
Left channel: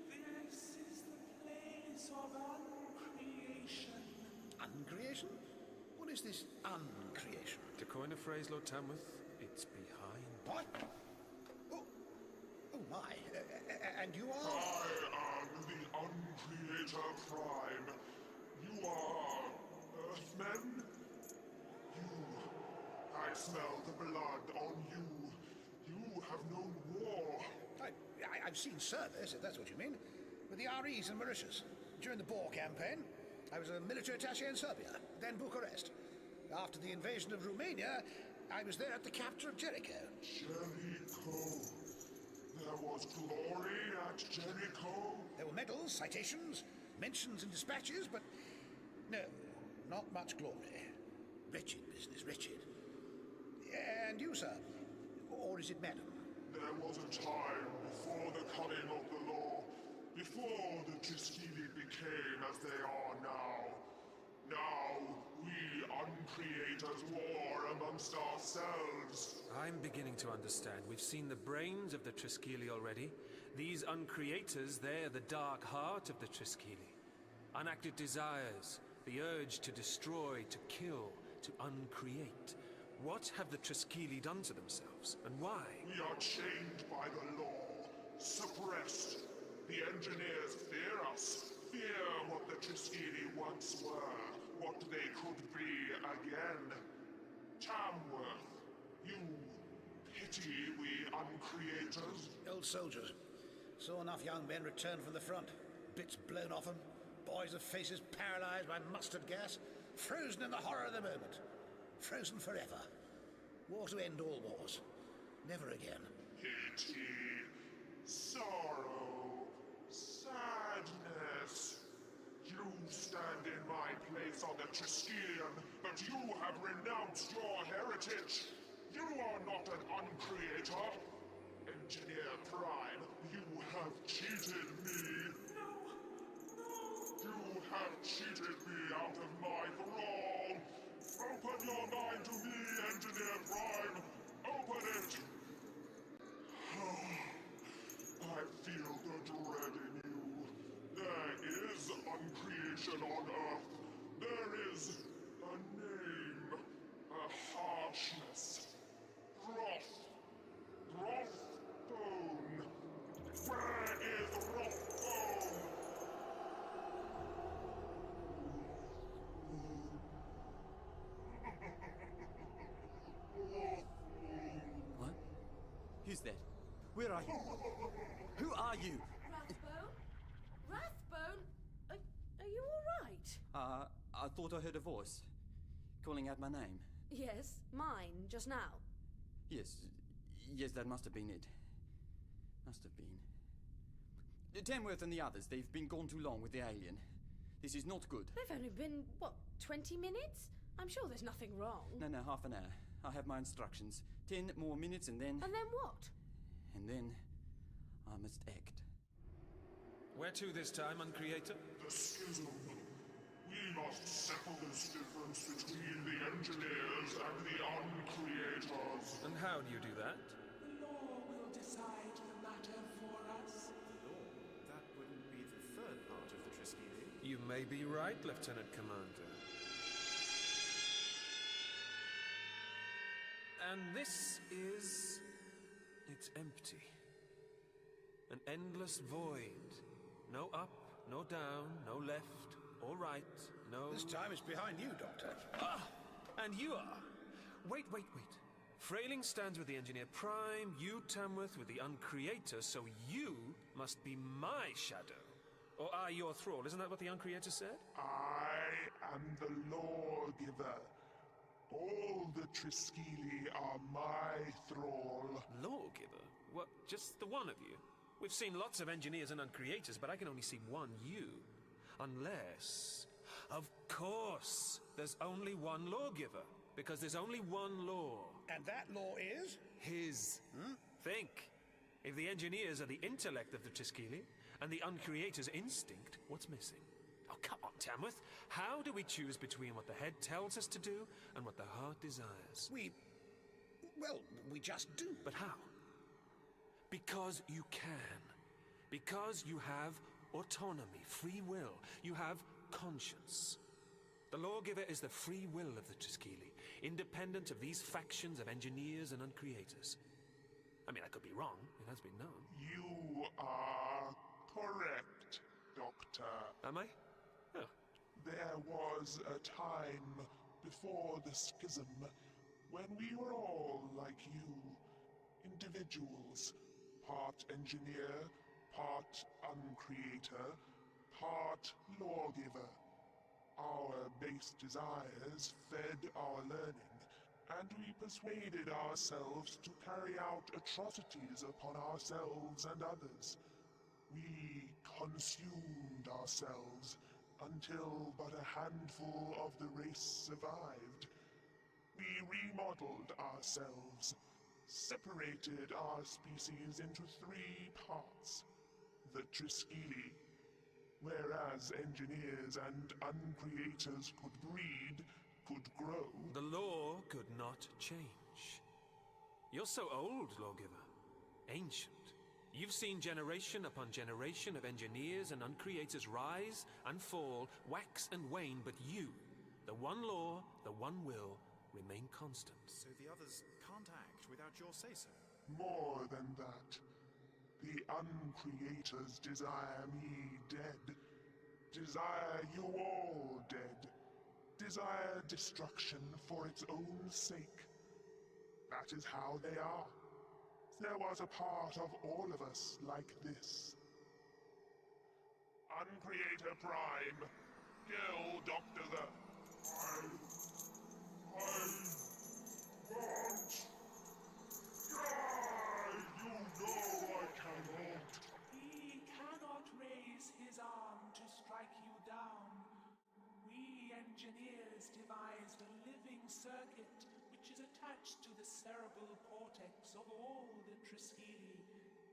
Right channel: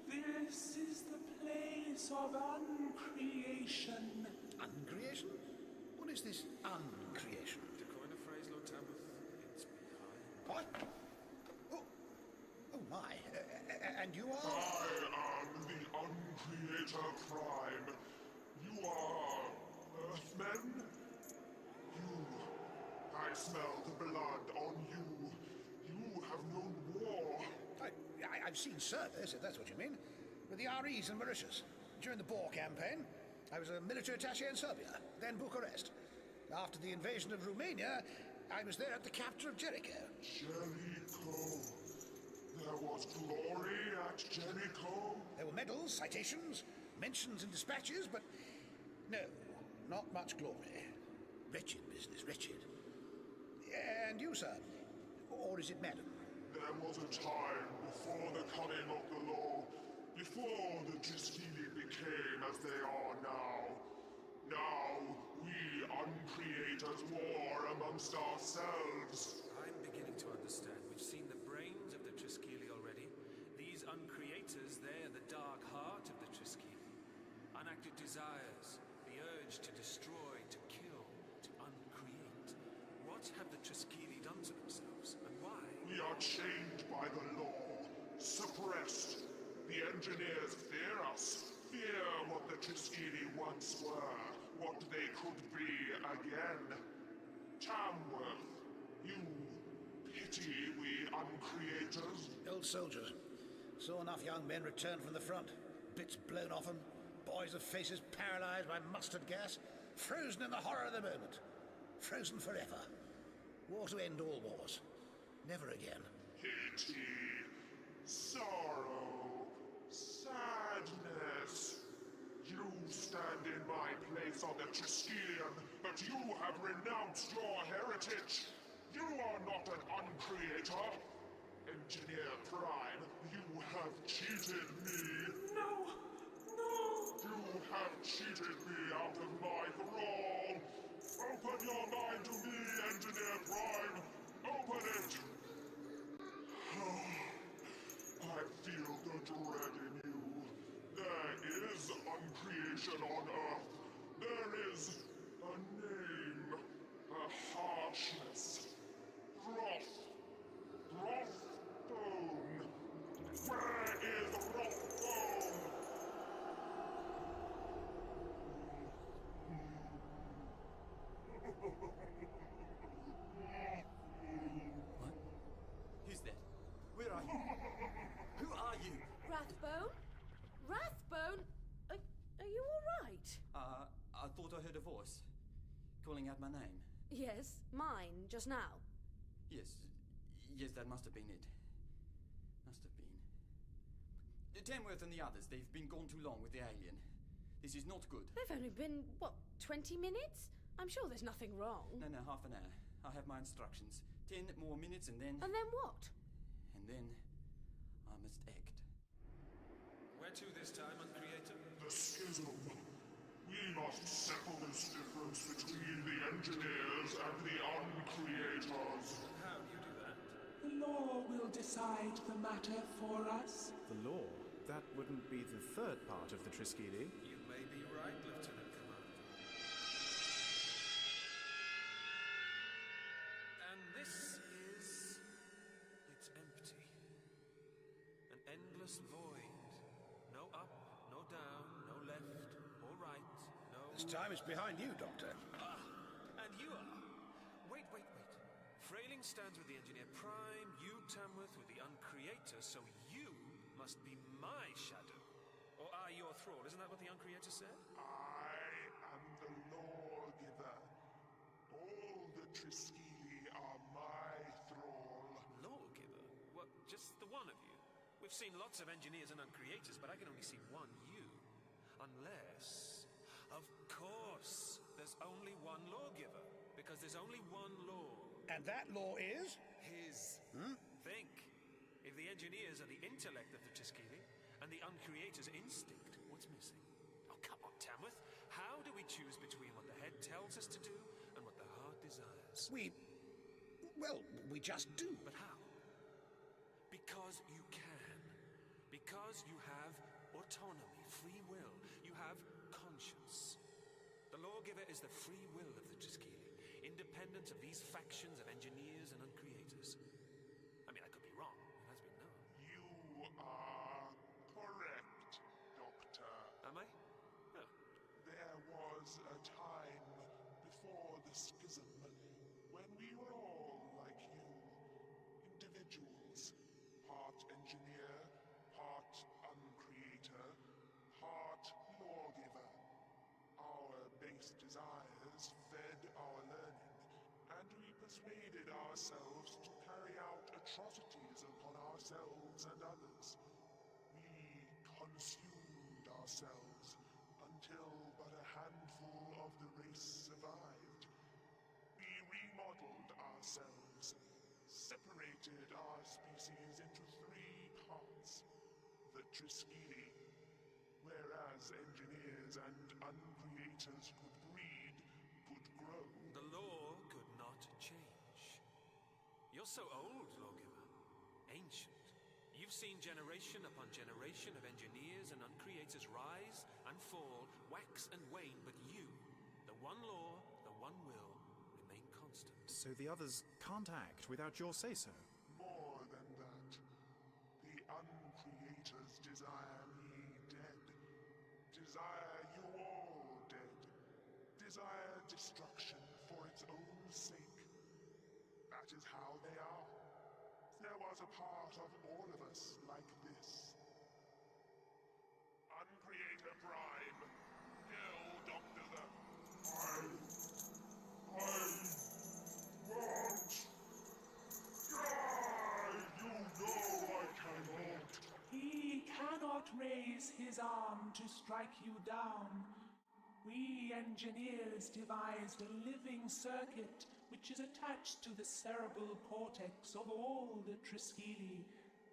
This is the place of uncreation. Uncreation? What is this uncreation? To coin a phrase, Lord Tamworth, it's behind. What? Oh my. And you are? I am the Uncreator Prime. You are Earthmen? I smell the blood on you. You have known war. I've seen service, if that's what you mean, with the REs in Mauritius. During the Boer campaign, I was a military attaché in Serbia, then Bucharest. After the invasion of Romania, I was there at the capture of Jericho. Jericho. There was glory at Jericho? There were medals, citations, mentions in dispatches, but no, not much glory. Wretched business, wretched. And you, sir? Or is it madam? There was a time before the coming of the law, before the Triskeli became as they are now. Now, we uncreators war amongst ourselves. I'm beginning to understand. We've seen the brains of the Triskeli already. These uncreators, they're the dark heart of the Triskeli. Unacted desires, the urge to destroy, to kill, to uncreate. What have the Triskeli done to themselves, and why? We are chained by the law, suppressed. The engineers fear us, fear what the Triskeli once were, what they could be again. Tamworth, you pity we uncreators? Old soldiers. Saw enough young men return from the front. Bits blown off them, boys with faces paralysed by mustard gas, frozen in the horror of the moment. Frozen forever. War to end all wars. Never again. Pity, sorrow, sadness. You stand in my place on the Triskelion, but you have renounced your heritage. You are not an uncreator. Engineer Prime, you have cheated me. No! You have cheated me out of my thrall. Open your mind to me, Engineer Prime. Open it. I feel the dread in you. There is uncreation on Earth. There is a name, a harshness. Rothbone. Where is Rothbone? What? Who's that? Where are you? Who are you? Rathbone? Rathbone? Are you all right? I thought I heard a voice calling out my name. Yes, mine, just now. Yes, that must have been it. Must have been. Tamworth and the others, they've been gone too long with the alien. This is not good. They've only been, 20 minutes? I'm sure there's nothing wrong. No, half an hour. I have my instructions. 10 more minutes and then... And then what? And then... I'm must act. Where to this time, Uncreator? The schism. We must settle this difference between the engineers and the uncreators. And how do you do that? The law will decide the matter for us. The law? That wouldn't be the third part of the Triskele. You may be right, Lieutenant Commander. And this is... it's empty. An endless void. No up, no down, no left, or right, no... This time it's behind you, Doctor. Ah! And you are... Wait. Frailing stands with the Engineer Prime, you, Tamworth, with the Uncreator, so you must be my shadow. Or I your thrall, isn't that what the Uncreator said? I am the Lawgiver. All the Triskele are my thrall. Lawgiver? What, just the one of you? We've seen lots of engineers and uncreators, but I can only see one you. Unless... Of course! There's only one lawgiver. Because there's only one law. And that law is? His. Think. If the engineers are the intellect of the Triskele, and the uncreator's instinct, what's missing? Oh, come on, Tamworth. How do we choose between what the head tells us to do and what the heart desires? We just do. But how? Because you can. Because you have autonomy, free will. You have conscience. The Lawgiver is the free will of the Triskele, independent of these factions of engineers and uncreators. I mean, I could be wrong. It has been known. You are correct, Doctor. Am I? Oh. There was a time before the schism when we were all like you, individuals, part engineer, part uncreator, part lawgiver. Our base desires fed our learning, and we persuaded ourselves to carry out atrocities upon ourselves and others. We consumed ourselves until but a handful of the race survived. We remodeled ourselves, separated our species into 3 parts. The Triskele, whereas engineers and uncreators could breed, could grow. The law could not change. You're so old, Lawgiver. Ancient. You've seen generation upon generation of engineers and uncreators rise and fall, wax and wane, but you, the one law, the one will, remain constant. So the others can't act without your say-so? More than that. The uncreators desire me dead. Desire you all dead. Desire destruction for its own sake. That is how they are. There was a part of all of us like this. Uncreator Prime, kill Dr. the... I won't die! You know I cannot. He cannot raise his arm to strike you down. We engineers devised a living circuit which is attached to the cerebral cortex of all the Triskele,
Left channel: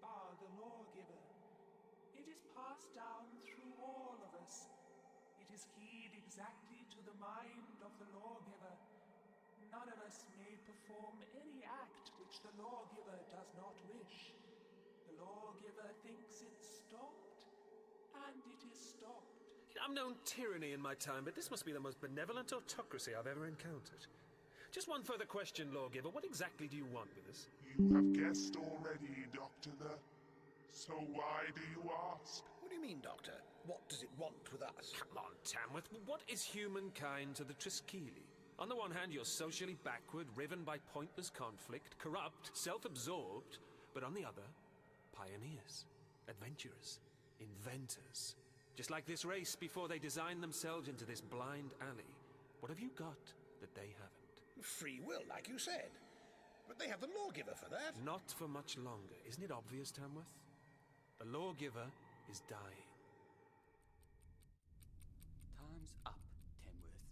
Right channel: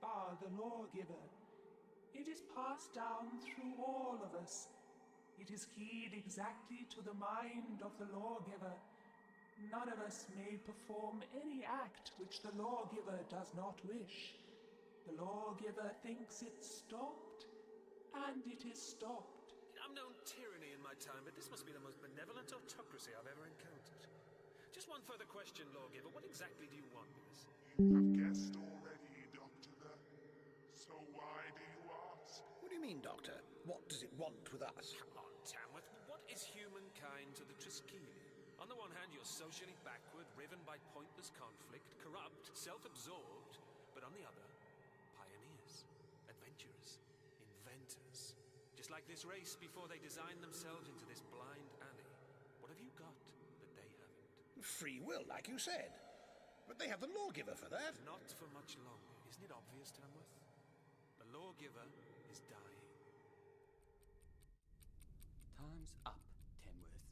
bar the Lawgiver. It is passed down through all of us. It is keyed exactly to the mind of the Lawgiver. None of us may perform any act which the Lawgiver does not wish. The Lawgiver thinks it's stopped, and it is stopped. I've known tyranny in my time, but this must be the most benevolent autocracy I've ever encountered. Just one further question, Lawgiver. What exactly do you want with us? You have guessed already, Doctor. So why do you ask? What do you mean, Doctor? What does it want with us? Come on, Tamworth. What is humankind to the Triskele? On the one hand, you're socially backward, riven by pointless conflict, corrupt, self-absorbed. But on the other, pioneers, adventurers, inventors. Just like this race before they designed themselves into this blind alley. What have you got that they haven't? Free will, like you said. But they have the Lawgiver for that. Not for much longer. Isn't it obvious, Tamworth? The Lawgiver is dying. Time's up, Tamworth.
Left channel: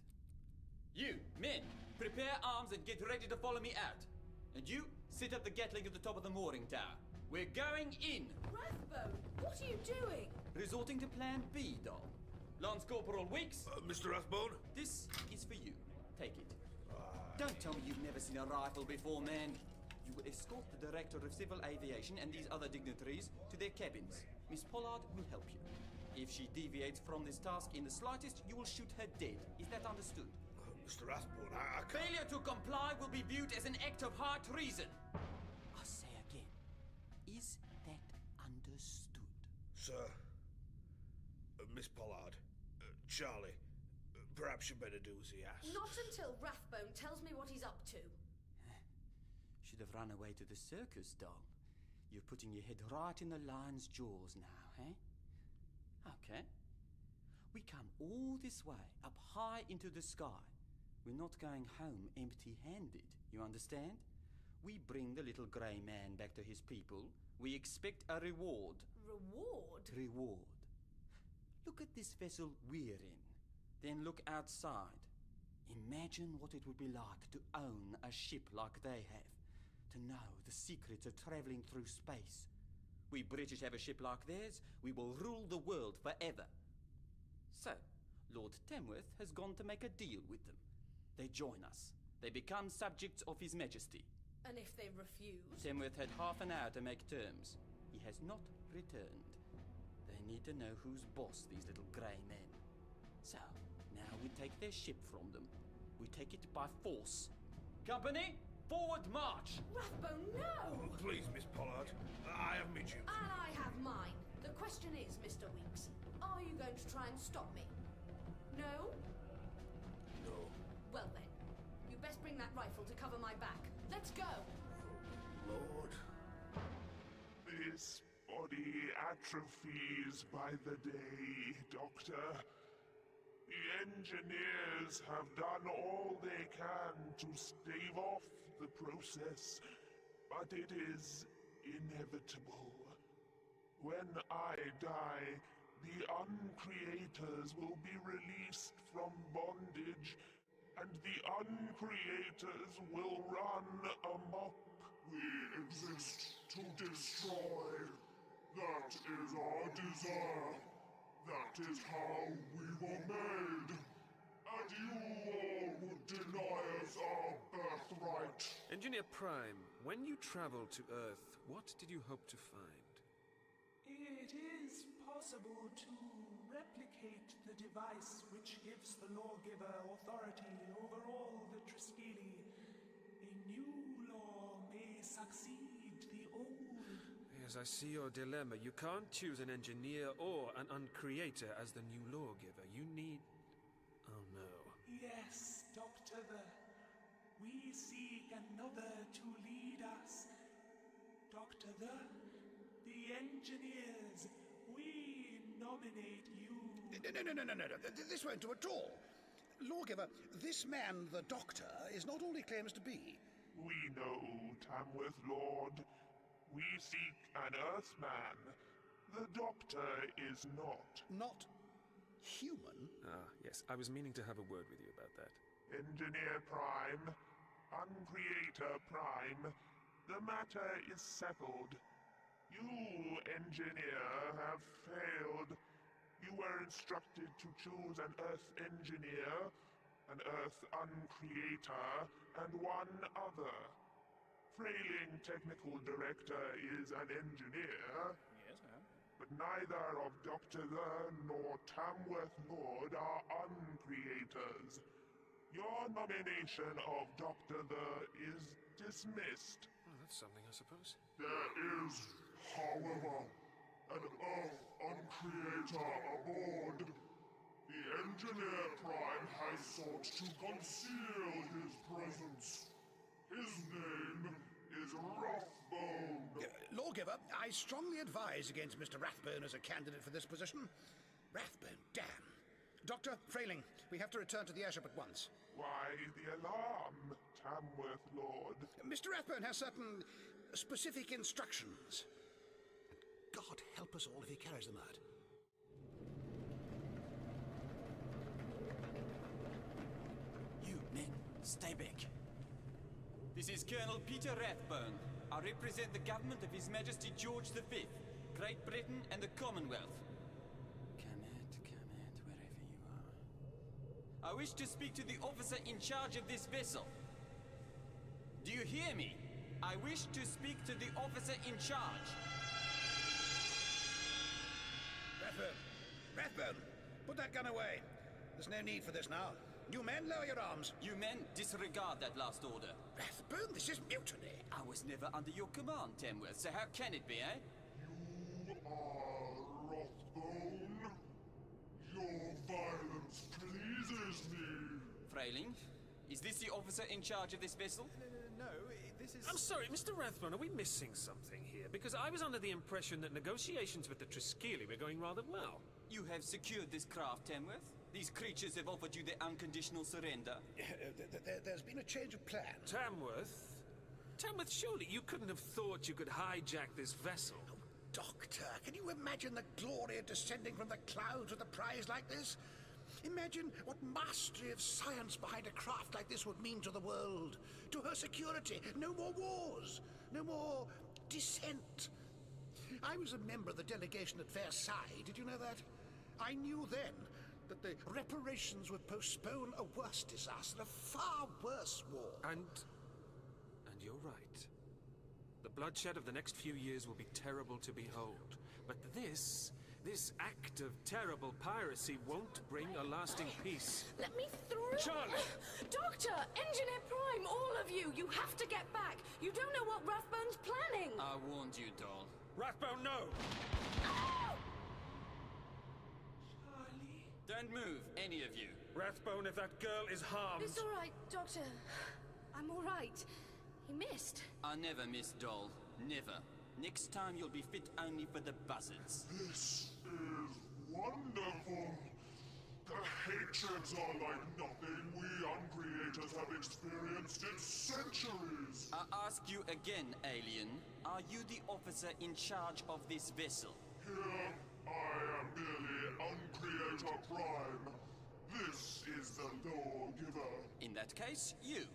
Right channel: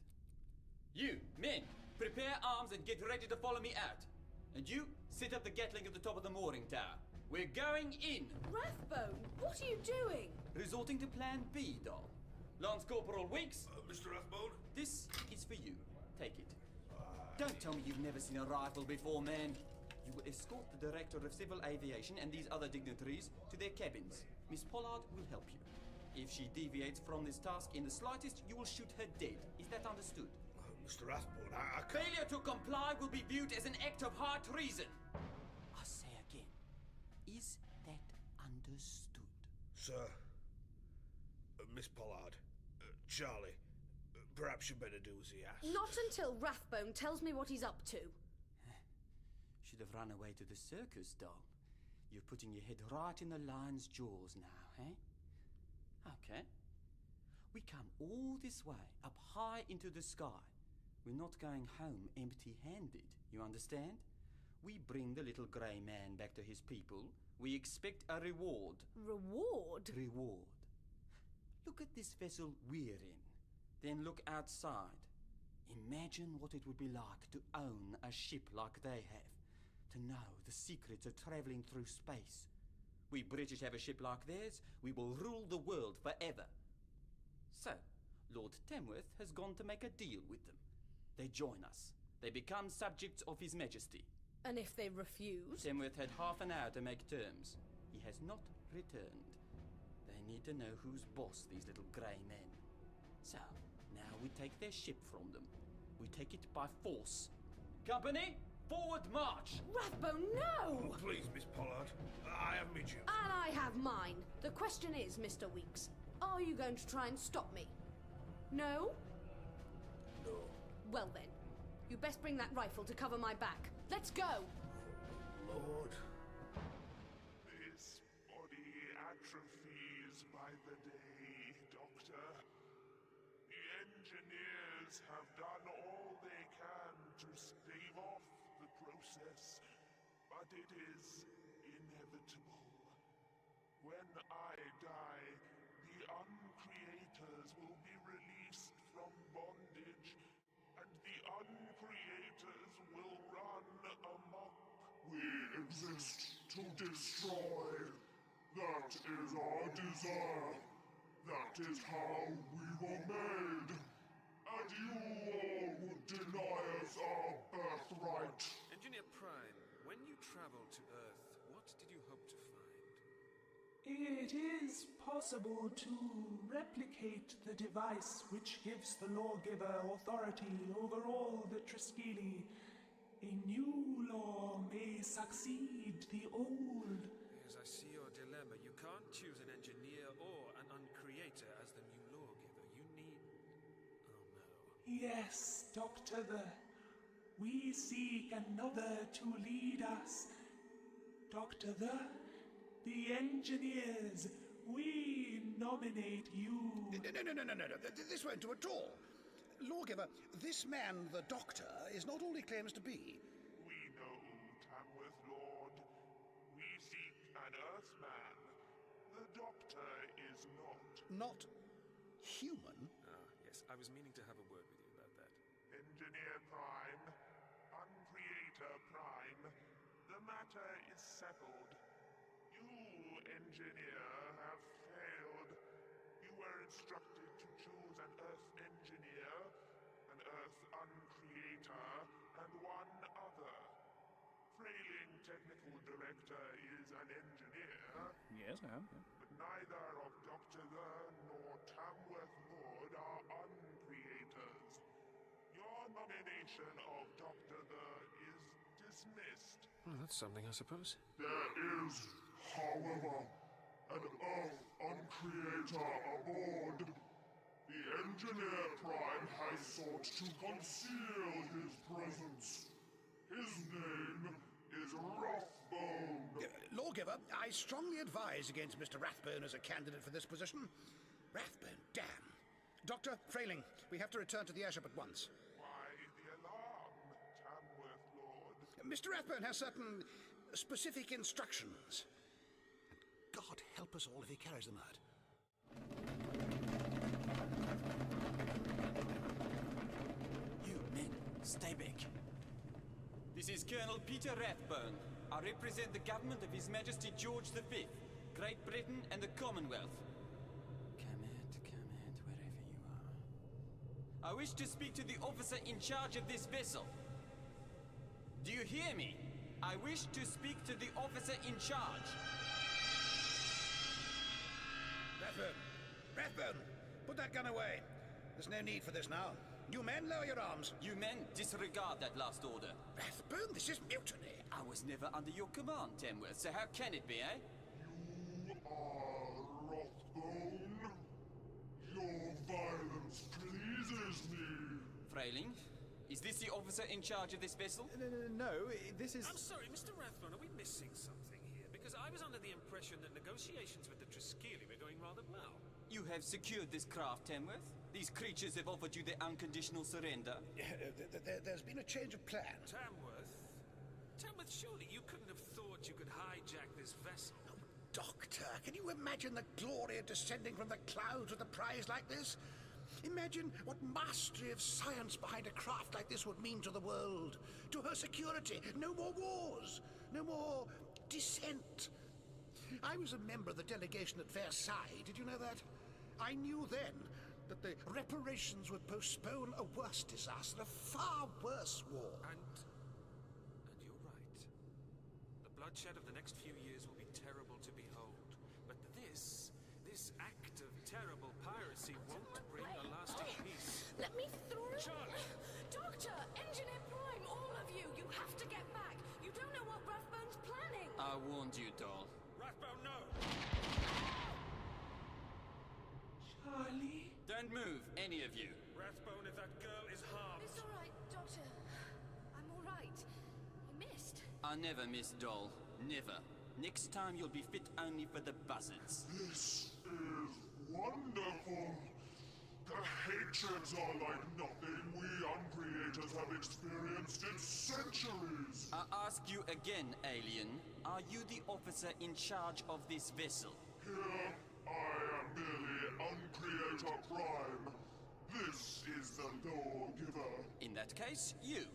You, men, prepare arms and get ready to follow me out. And you, set up the Gatling at the top of the mooring tower. We're going in. Rathbone, what are you doing? Resorting to Plan B, doll. Lance Corporal Weeks. Mr. Rathbone? This is for you. Take it. Don't tell me you've never seen a rifle before, man. You will escort the Director of Civil Aviation and these other dignitaries to their cabins. Miss Pollard will help you. If she deviates from this task in the slightest, you will shoot her dead. Is that understood? Mr. Rathbone, I can't... Failure to comply will be viewed as an act of high treason. I say again, is that understood? Sir, Miss Pollard, Charlie, perhaps you better do as he asks. Not until Rathbone tells me what he's up to. Should have run away to the circus, doll. You're putting your head right in the lion's jaws now, eh? Okay. We come all this way, up high into the sky. We're not going home empty-handed, you understand? We bring the little grey man back to his people. We expect a reward. Reward? Reward. Look at this vessel we're in. Then look outside. Imagine what it would be like to own a ship like they have. To know the secrets of travelling through space. We British have a ship like theirs, we will rule the world forever. So, Lord Tamworth has gone to make a deal with them. They join us. They become subjects of His Majesty. And if they refuse? Tamworth had half an hour to make terms. He has not returned. They need to know who's boss, these little grey men. So, now we take their ship from them. We take it by force. Company, forward march! Rathbone, no! Oh, please, Miss Pollard. I have my duty. And I have mine. The question is, Mr. Weeks, are you going to try and stop me? No? No. Well then, you best bring that rifle to cover my back. Let's go! Lord. This body atrophies by the day, Doctor. The engineers have done all they can to stave off the process, but it is inevitable. When I die, the uncreators will be released from bondage, and the uncreators will run amok. We exist to destroy. That is our desire. That is how we were made. And you all would deny us our birthright. Engineer Prime, when you traveled to Earth, what did you hope to find? It is possible to replicate the device which gives the lawgiver authority over all the Triskeli. A new law may succeed the old. Yes, I see your dilemma. You can't choose an engineer or an uncreator as the new lawgiver. You need... Oh no. Yes, Dr. We seek another to lead us. Dr. The engineers, we nominate you. No. This won't do at all. Lawgiver, this man, the Doctor, is not all he claims to be. We know, Tamworth Lord. We seek an Earthman. The Doctor is not. Not human? Ah, yes. I was meaning to have a word with you about that. Engineer Prime, Uncreator Prime, the matter is settled. You, Engineer, have failed. You were instructed to choose an Earth Engineer, an Earth Uncreator, and one other. Frailing Technical Director is an engineer. Yes, I am. Yeah. But neither of Dr. nor Tamworth Lord are uncreators. Your nomination of Dr. is dismissed. Well, that's something, I suppose. There is, however, an Earth Uncreator aboard. The Engineer Prime has sought to conceal his presence. His name is Rathbone. Lawgiver, I strongly advise against Mr. Rathbone as a candidate for this position. Rathbone, damn. Dr. Frailing, we have to return to the airship at once. Why the alarm, Tamworth Lord? Mr. Rathbone has certain specific instructions. And God help us all if he carries them out. You men, stay back. This is Colonel Peter Rathbone. I represent the government of His Majesty George V, Great Britain and the Commonwealth. Come out, wherever you are. I wish to speak to the officer in charge of this vessel. Do you hear me? I wish to speak to the officer in charge. Rathbone! Rathbone! Put that gun away. There's no need for this now. You men, lower your arms. You men, disregard that last order. Rathbone, this is mutiny. I was never under your command, Tamworth, so how can it be, eh? You are Rathbone. Your violence pleases me. Frayling, is this the officer in charge of this vessel? No, this is... I'm sorry, Mr. Rathbone, are we missing something here? Because I was under the impression that negotiations with the Triskeli were going rather well. You have secured this craft, Tamworth? These creatures have offered you their unconditional surrender? There's been a change of plan. Tamworth? Tamworth, surely you couldn't have thought you could hijack this vessel. Oh, Doctor, can you imagine the glory of descending from the clouds with a prize like this? Imagine what mastery of science behind a craft like this would mean to the world. To her security. No more wars. No more dissent. I was a member of the delegation at Versailles. Did you know that? I knew then that the reparations would postpone a worse disaster, a far worse war. And you're right. The bloodshed of the next few years will be terrible to behold. But this act of terrible piracy won't bring a lasting peace. Let me through! Charlie! Doctor! Engineer Prime! All of you! You have to get back! You don't know what Rathbone's planning! I warned you, doll. Rathbone, no! Charlie? Don't move, any of you. Rathbone, if that girl is harmed... It's all right, Doctor. I'm all right. He missed. I never miss, doll. Never. Next time you'll be fit only for the buzzards. This is wonderful. The hatreds are like nothing we uncreators have experienced in centuries. I ask you again, alien. Are you the officer in charge of this vessel? Here, I am merely Uncreator Prime. This is the lawgiver. In that case, you.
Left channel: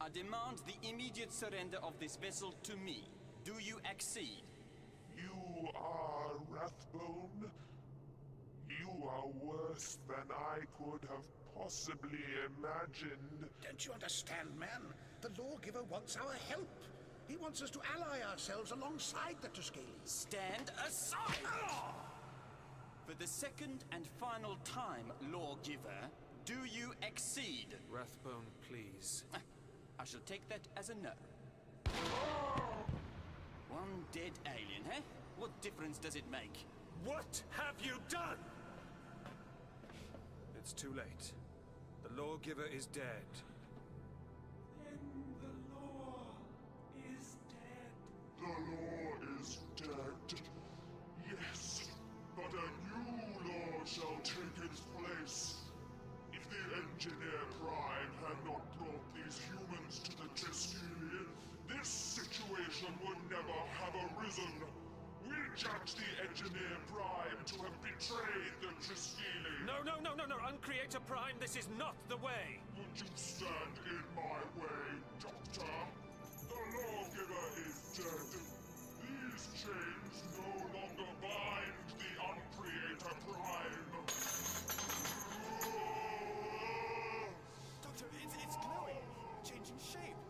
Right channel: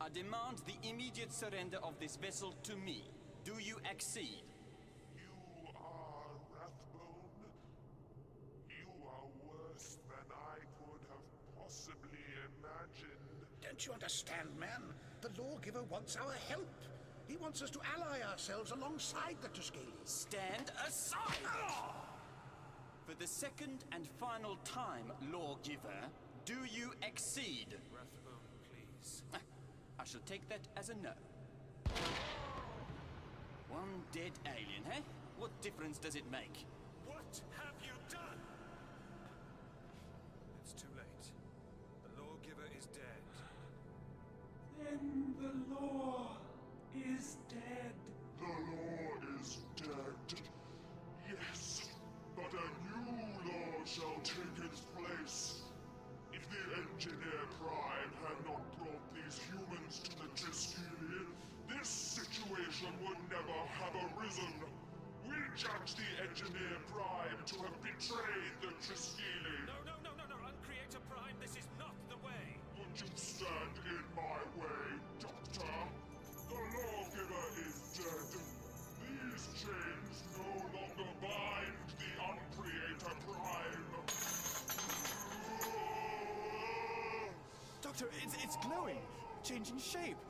I demand the immediate surrender of this vessel to me. Do you accede? You are Rathbone. You are worse than I could have possibly imagined. Don't you understand, man? The lawgiver wants our help. He wants us to ally ourselves alongside the Triskeli. Stand aside! For the second and final time, lawgiver, do you accede? Rathbone, please. I shall take that as a no. One dead alien, eh? What difference does it make? What have you done? It's too late. The lawgiver is dead. Then the law is dead. The law is dead. Yes, but a new law shall take its place. If the Engineer Prime had not brought these humans to the Triskeli, this situation would never have arisen. We judge the Engineer Prime to have betrayed the Triskeli. No. Uncreator Prime, this is not the way. Would you stand in my way, Doctor? The lawgiver is dead. These chains no longer bind the Uncreator Prime. Doctor, it's glowing, changing shape,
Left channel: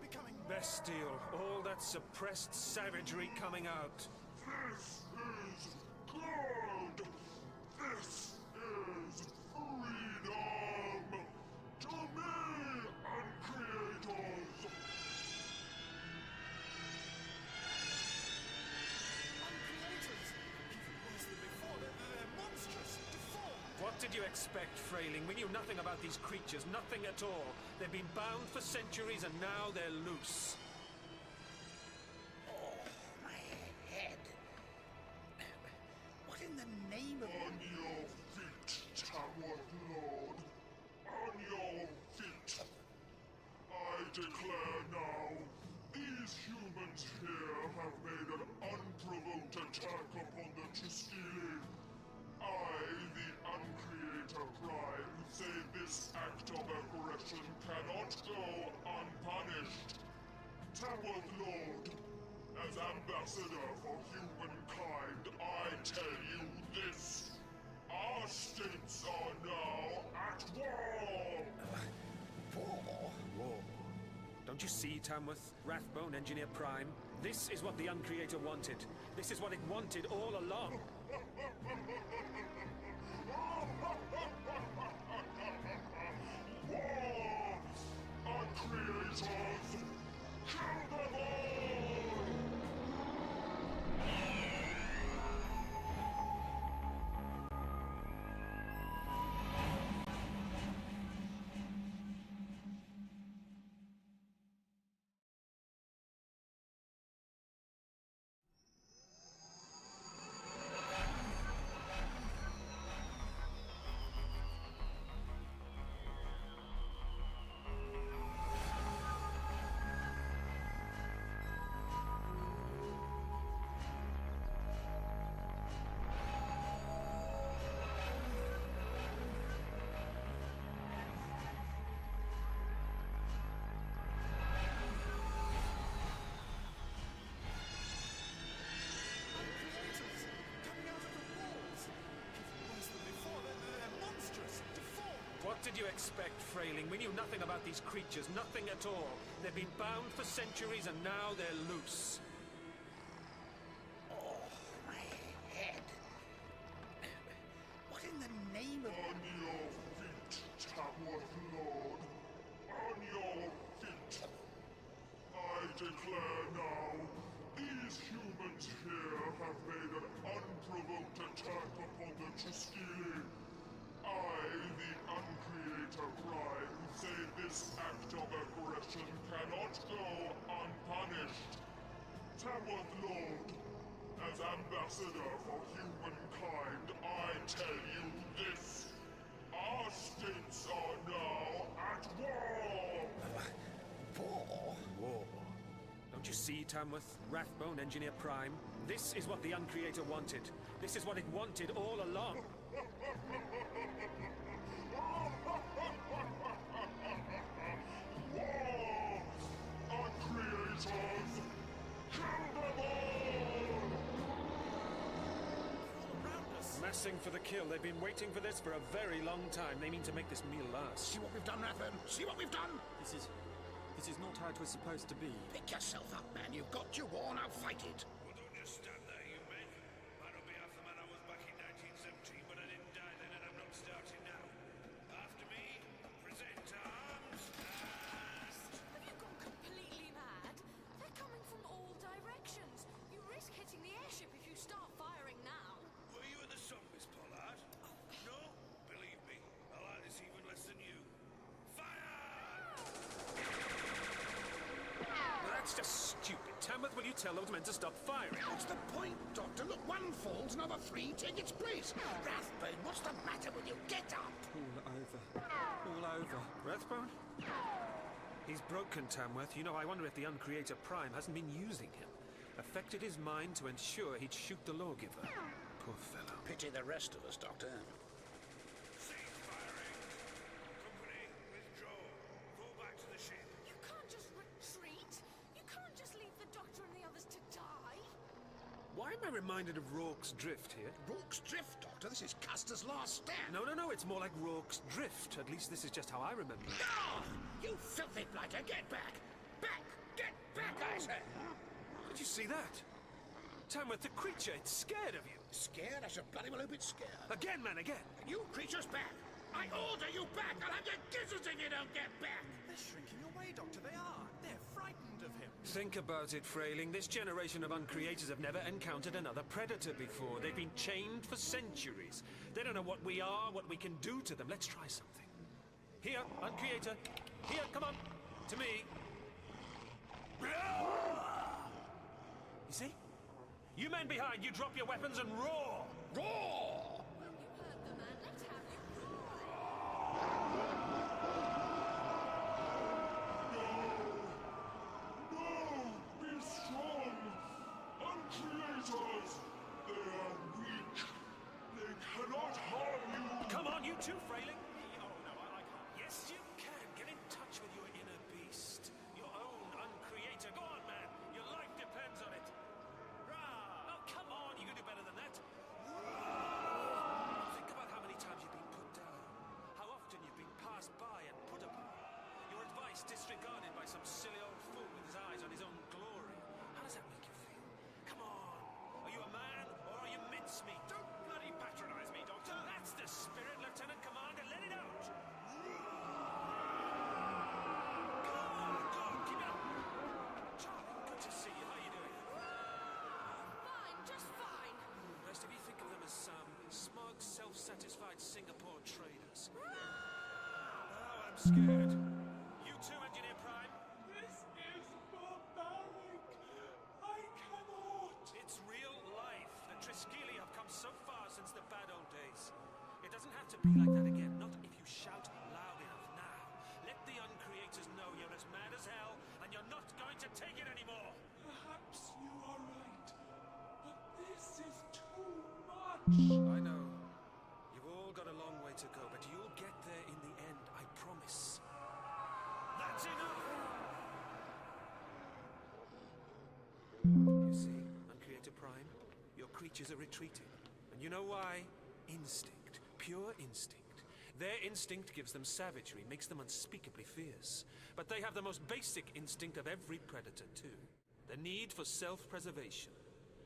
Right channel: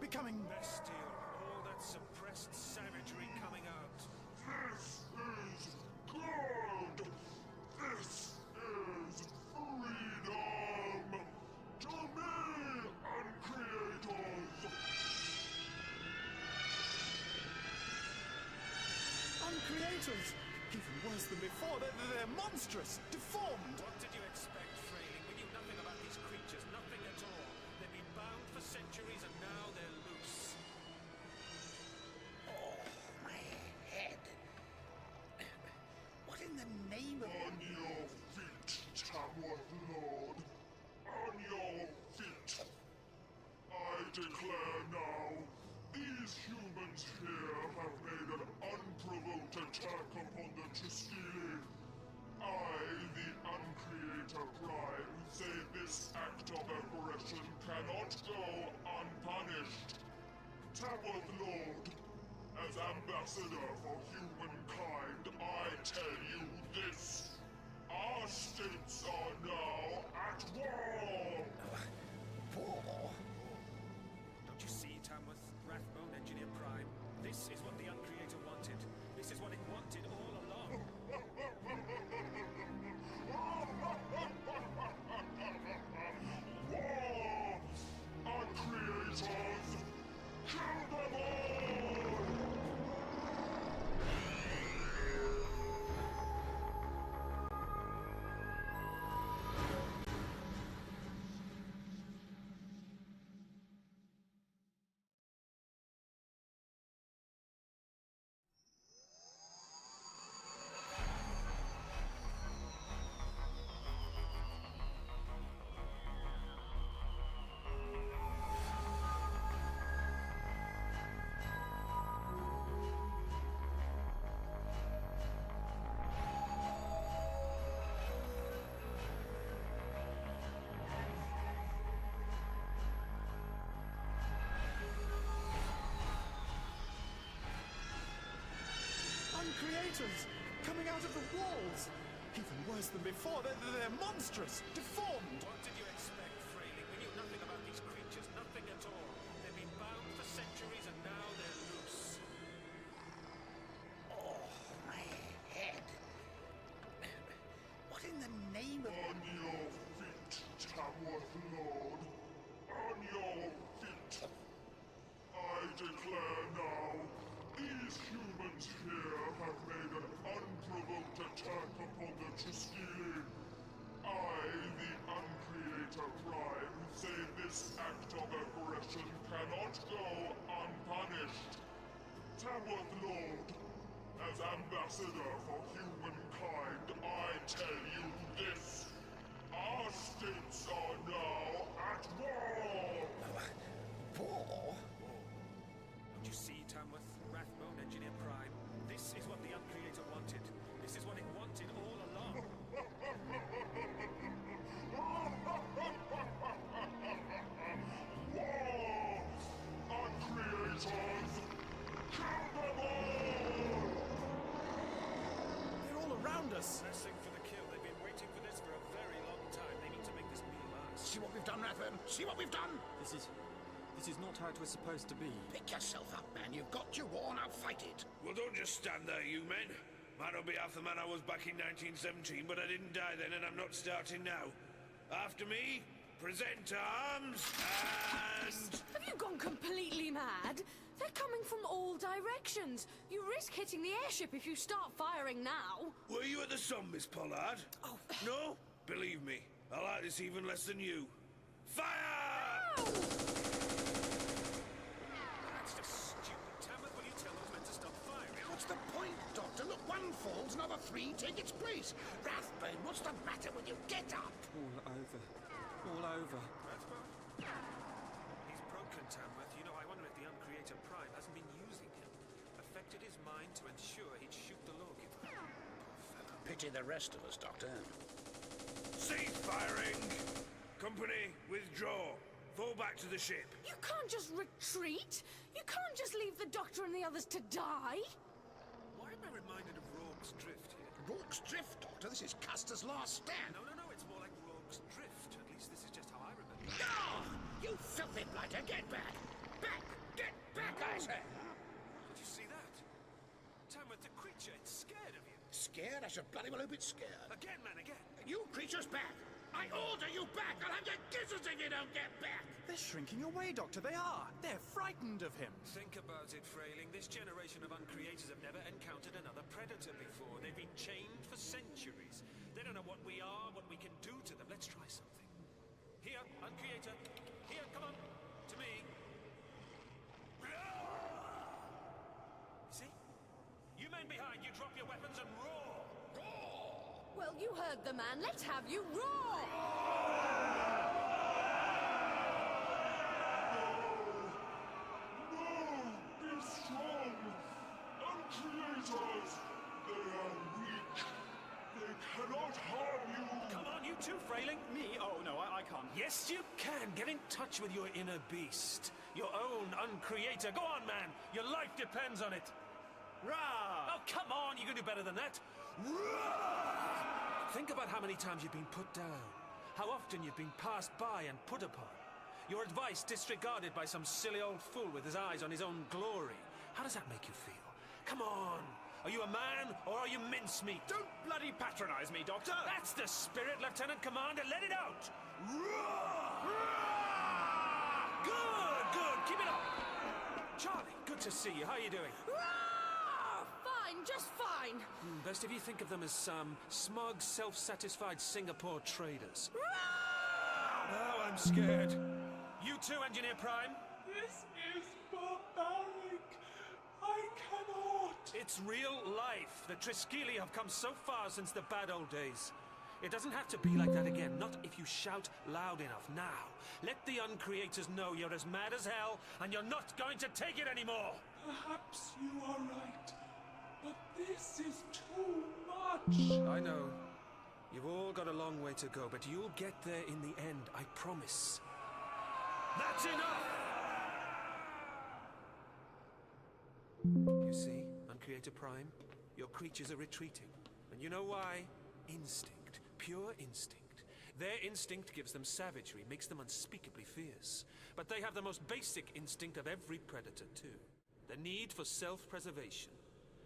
becoming... Bestial, all that suppressed savagery coming out. This is good! This is freedom! To me, Uncreators! Uncreators! Even worse than before, they're monstrous, deformed! What did you expect, Frayling? We knew nothing about these creatures, nothing at all. They've been bound for centuries and now they're loose. Oh, my head. What in the name of... On your feet, Tamworth Lord. On your feet. I declare now, these humans here have made an unprovoked attack upon the Triskeli. I, the Uncreator Prime, say this act of aggression cannot go unpunished. Tamworth Lord, As ambassador for humankind, I tell you this. Our states are now at war! War? War. Don't you see, Tamworth? Rathbone, Engineer Prime? This is what the Uncreator wanted. This is what it wanted all along. War! Uncreators! Kill them all! Creators coming out of the walls! Even worse than before, they're monstrous, deformed! What did you expect, Frailing? We knew nothing about these creatures, nothing at all. They've been bound for centuries and now they're loose. Oh, my head. What in the name of... On your feet, Tamworth Lord. On your feet. I declare now, these humans here have made an unprovoked attack upon the Triskele. I, the Uncreator Prime, say this act of aggression cannot go unpunished. Tamworth Lord, as ambassador for humankind, I tell you this. Our states are now at war! War? War. Don't you see, Tamworth? Rathbone, Engineer Prime? This is what the Uncreator wanted. This is what it wanted all along. War! Uncreators! Kill them all! They're all around us! Massing for the kill. They've been waiting for this for a very long time. They mean to make this meal last. See what we've done, Rathbone? See what we've done? This is not how it was supposed to be. Pick yourself up, man. You've got your war, now fight it. Well, don't just stand there, you men. Might not be half the man I was back in 1917, but I didn't die then, and I'm not starting now. After me, present arms, and... Have you gone completely mad? They're coming from all directions. You risk hitting the airship if you start firing now. Were you at the sun, Miss Pollard? Oh. No? Believe me, I like this even less than you. Fire! Ow! That's just stupid. Tamworth, will you tell those men to stop firing? What's the point, Doctor? Look, one falls, another three take its place. Rathbone, what's the matter with you? Get up! All over. All over. Rathbone? He's broken, Tamworth. You know, I wonder if the Uncreator Prime hasn't been using him. Affected his mind to ensure he'd shoot the lawgiver. Poor fellow. Pity the rest of us, Doctor. Cease firing! Company, withdraw. Fall back to the ship. You can't just retreat. You can't just leave the Doctor and the others to die. Why am I reminded of Rourke's Drift here? Rourke's Drift, Doctor? This is Custer's last stand. No, it's more like Rourke's Drift. At least this is just how I remember it. No! You filthy blighter, get back! Back! Get back, I say! Did you see that? Tamworth, the creature, it's scared of you. Scared? I should bloody well hope it's scared. Again, man, again. You creatures back! I order you back! I'll have your gizzards if you don't get back! They're shrinking away, Doctor, they are. They're frightened of him. Think about it, Frailing. This generation of Uncreators have never encountered another predator before. They've been chained for centuries. They don't know what we are, what we can do to them. Let's try something. Here, Uncreator. Here, come on. To me. You see? You men behind, you drop your weapons and roar! Roar! Well, you heard the man. Let's have you roar! No! Be strong! Uncreators! They are weak. They cannot harm you! Come on, you too, Frailing. Me? Oh, no, I can't. Yes, you can. Get in touch with your inner beast. Your own uncreator. Go on, man. Your life depends on it. Rah! Oh, come on. You can do better than that. Rah! Think about how many times you've been put down. How often you've been passed by and put upon. Your advice disregarded by some silly old fool with his eyes on his own glory. How does that make you feel? Come on. Are you a man, or are you mincemeat? Don't bloody patronize me, Doctor! That's the spirit, Lieutenant Commander. Let it out! Roar! Good, good. Keep it up. Charlie, good to see you. How are you doing? Fine, just fine. Best if you think of them as smug, self-satisfied Singapore traders. Oh, I'm scared. You too, Engineer Prime? This is barbaric. I cannot. It's real life. The Triskeli have come so far since the bad old days. It doesn't have to be like that again, not if you shout loud enough. Now, let the Uncreators know you're as mad as hell, and you're not going to take it anymore. Perhaps you are right, but this is too much. I know. You've all got a long way to go, but you'll get there in the end, I promise. That's enough! You see, Uncreator Prime, your creatures are retreating. And you know why? Instinct. Pure instinct. Their instinct gives them savagery, makes them unspeakably fierce. But they have the most basic instinct of every predator, too. The need for self-preservation.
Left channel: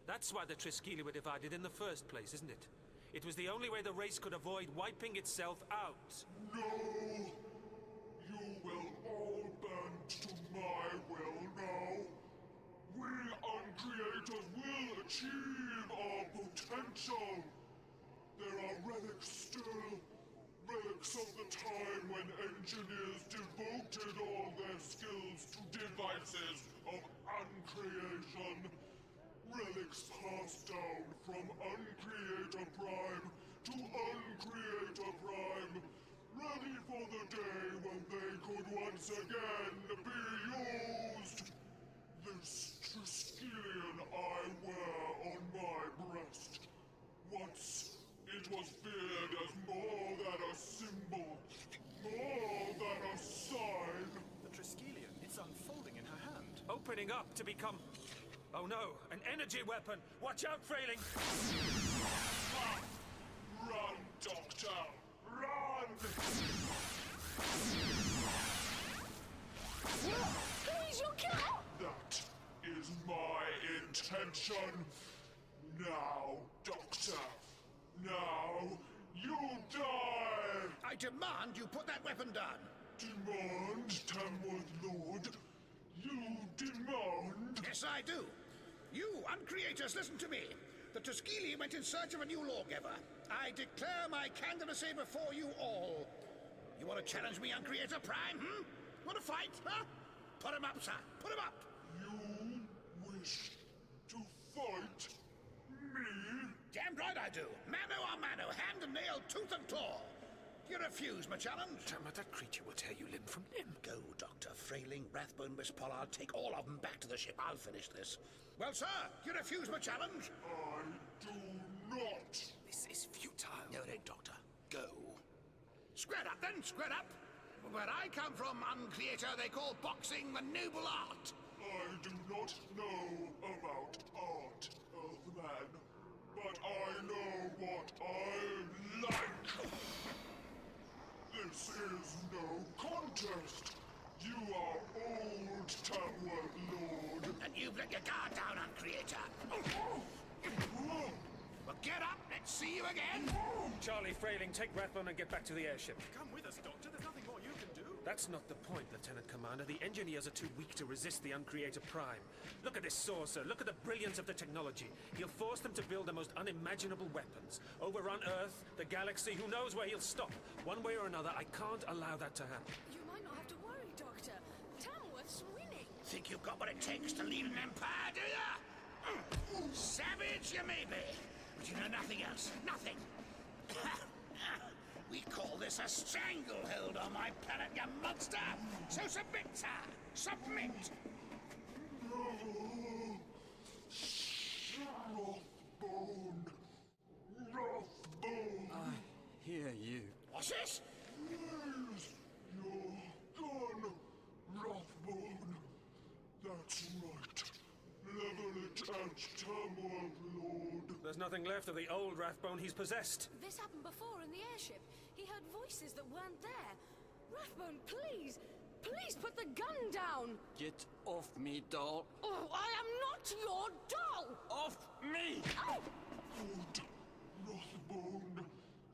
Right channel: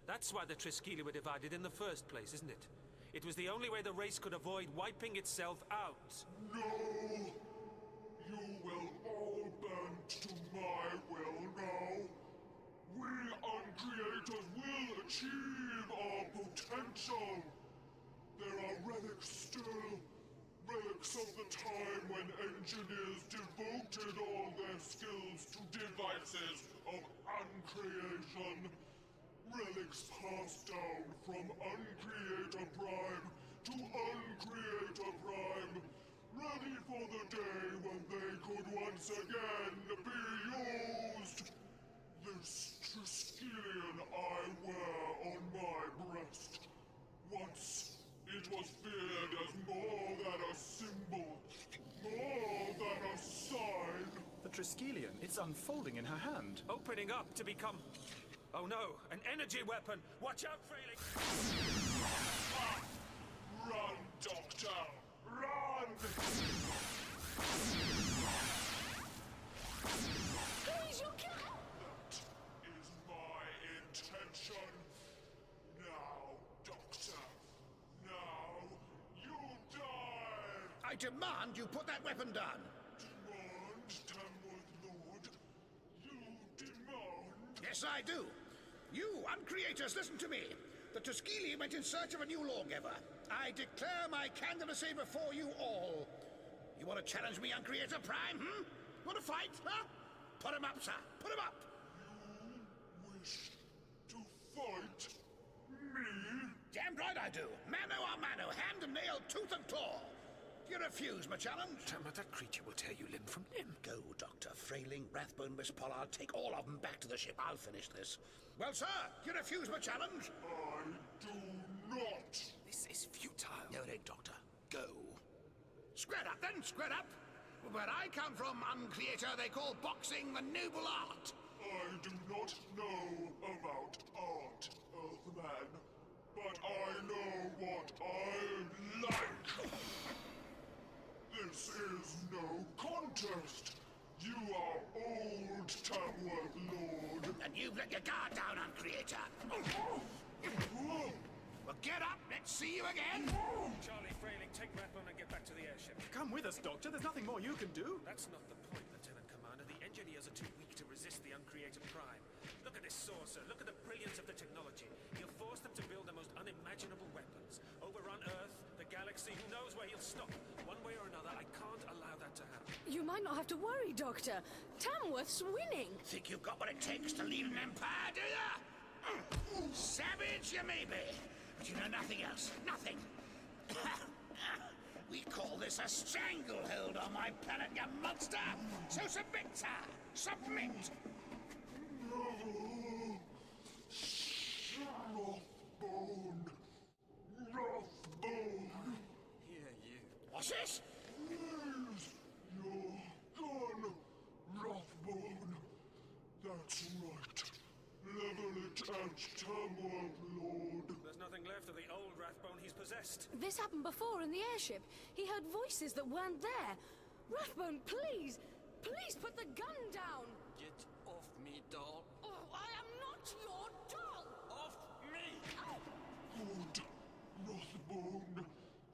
That's why the Triskeli were divided in the first place, isn't it? It was the only way the race could avoid wiping itself out. No! You will all bend to my will now. We Uncreators will achieve our potential. There are relics still. Relics of the time when engineers devoted all their skills to devices of uncreation. Relics passed down from Uncreator Prime to Uncreator Prime, ready for the day when they could once again be used. This Triskelion I wear on my breast. Once it was feared as more than a symbol, more than a sign. The Triskelion, it's unfolding in her hand. Opening up to become... Oh no, an energy weapon! Watch out, Frailing! Run, Doctor! Run! Who's your killer? That is my intention. Now, Doctor. Now, you die! I demand you put that weapon down. Demand, Tamworth Lord? You demand? Yes, I do. You, Uncreators, listen to me. The Triskeli went in search of a new lawgiver. I declare my candidacy before you all. You want to challenge me, Uncreator Prime, Want to fight, huh? Put him up, sir. Put him up. You wish to fight me? Damn right I do. Mano a mano, hand and nail, tooth and claw. Do you refuse my challenge? But that creature will tear you limb from limb. Go, Dr. Frailing, Rathbone, Miss Pollard. Take all of them back to the ship. I'll finish this. Well, sir, do you refuse my challenge? I do not. This is futile. No, it ain't, Doctor. Go. Square up, then. Square up. Where I come from, Uncreator, they call boxing the noble art. I do not know about art, Earthman. But I know what I like. This is no contest. You are old, Tamworth Lord. And you've let your guard down, Uncreator. Well, get up. Let's see you again. Charlie, Frailing, take Rathbone and get back to the airship. Come with us, Doctor. There's nothing more you can do. That's not the point, Lieutenant Commander. The engineers are too weak to resist the Uncreator Prime. Look at this saucer. Look at the brilliance of the technology. He'll force them to build the most unimaginable weapons. Overrun Earth, the galaxy. Who knows where he'll stop? One way or another, I can't allow that to happen. You might not have to worry, Doctor. Tamworth's winning. Think you've got what it takes to lead an empire, do ya? Savage you may be, but you know nothing else. Nothing. We call this a stranglehold on my planet, you monster! So submit, sir! Submit! Rothbone! Rothbone! Hear you. What forces? Where's your gun, Rothbone? That's right. Level it at Tamworth, Lord. There's nothing left of the old Rathbone he's possessed. This happened before in the airship. He heard voices that weren't there. Rathbone, please! Please put the gun down! Get off me, doll. Oh, I am not your doll! Off me! Oh. Good. Rothbone.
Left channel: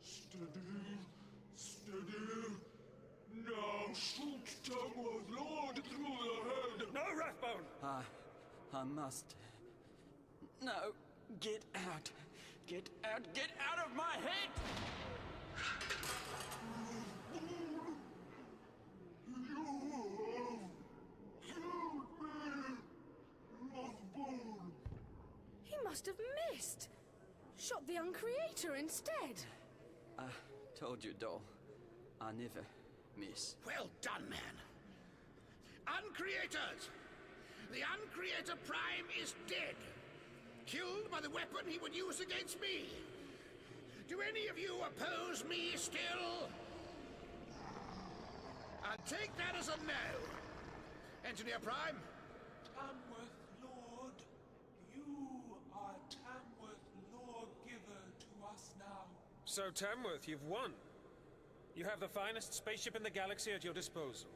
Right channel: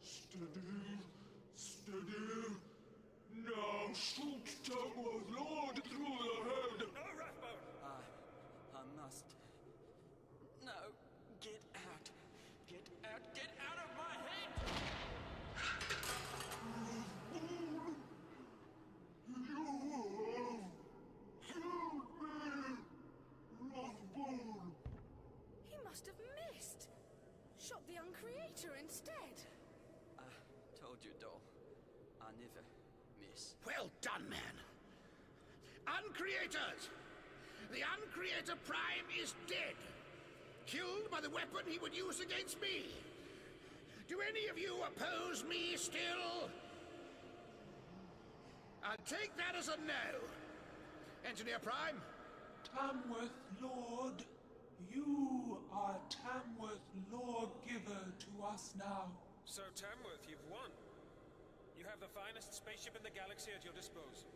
Steady. Steady. Now shoot Tamworth Lord through the head. No, Rathbone! I must. No, get out. Get out. Get out of my head! Rathbone, you have killed me. Rathbone. He must have missed. Shot the Uncreator instead. I told you, doll. I never miss. Well done, man. Uncreators! The Uncreator Prime is dead. Killed by the weapon he would use against me. Do any of you oppose me still? I'll take that as a no. Engineer Prime? Tamworth Lord, you are Tamworth Lawgiver to us now. So, Tamworth, you've won. You have the finest spaceship in the galaxy at your disposal.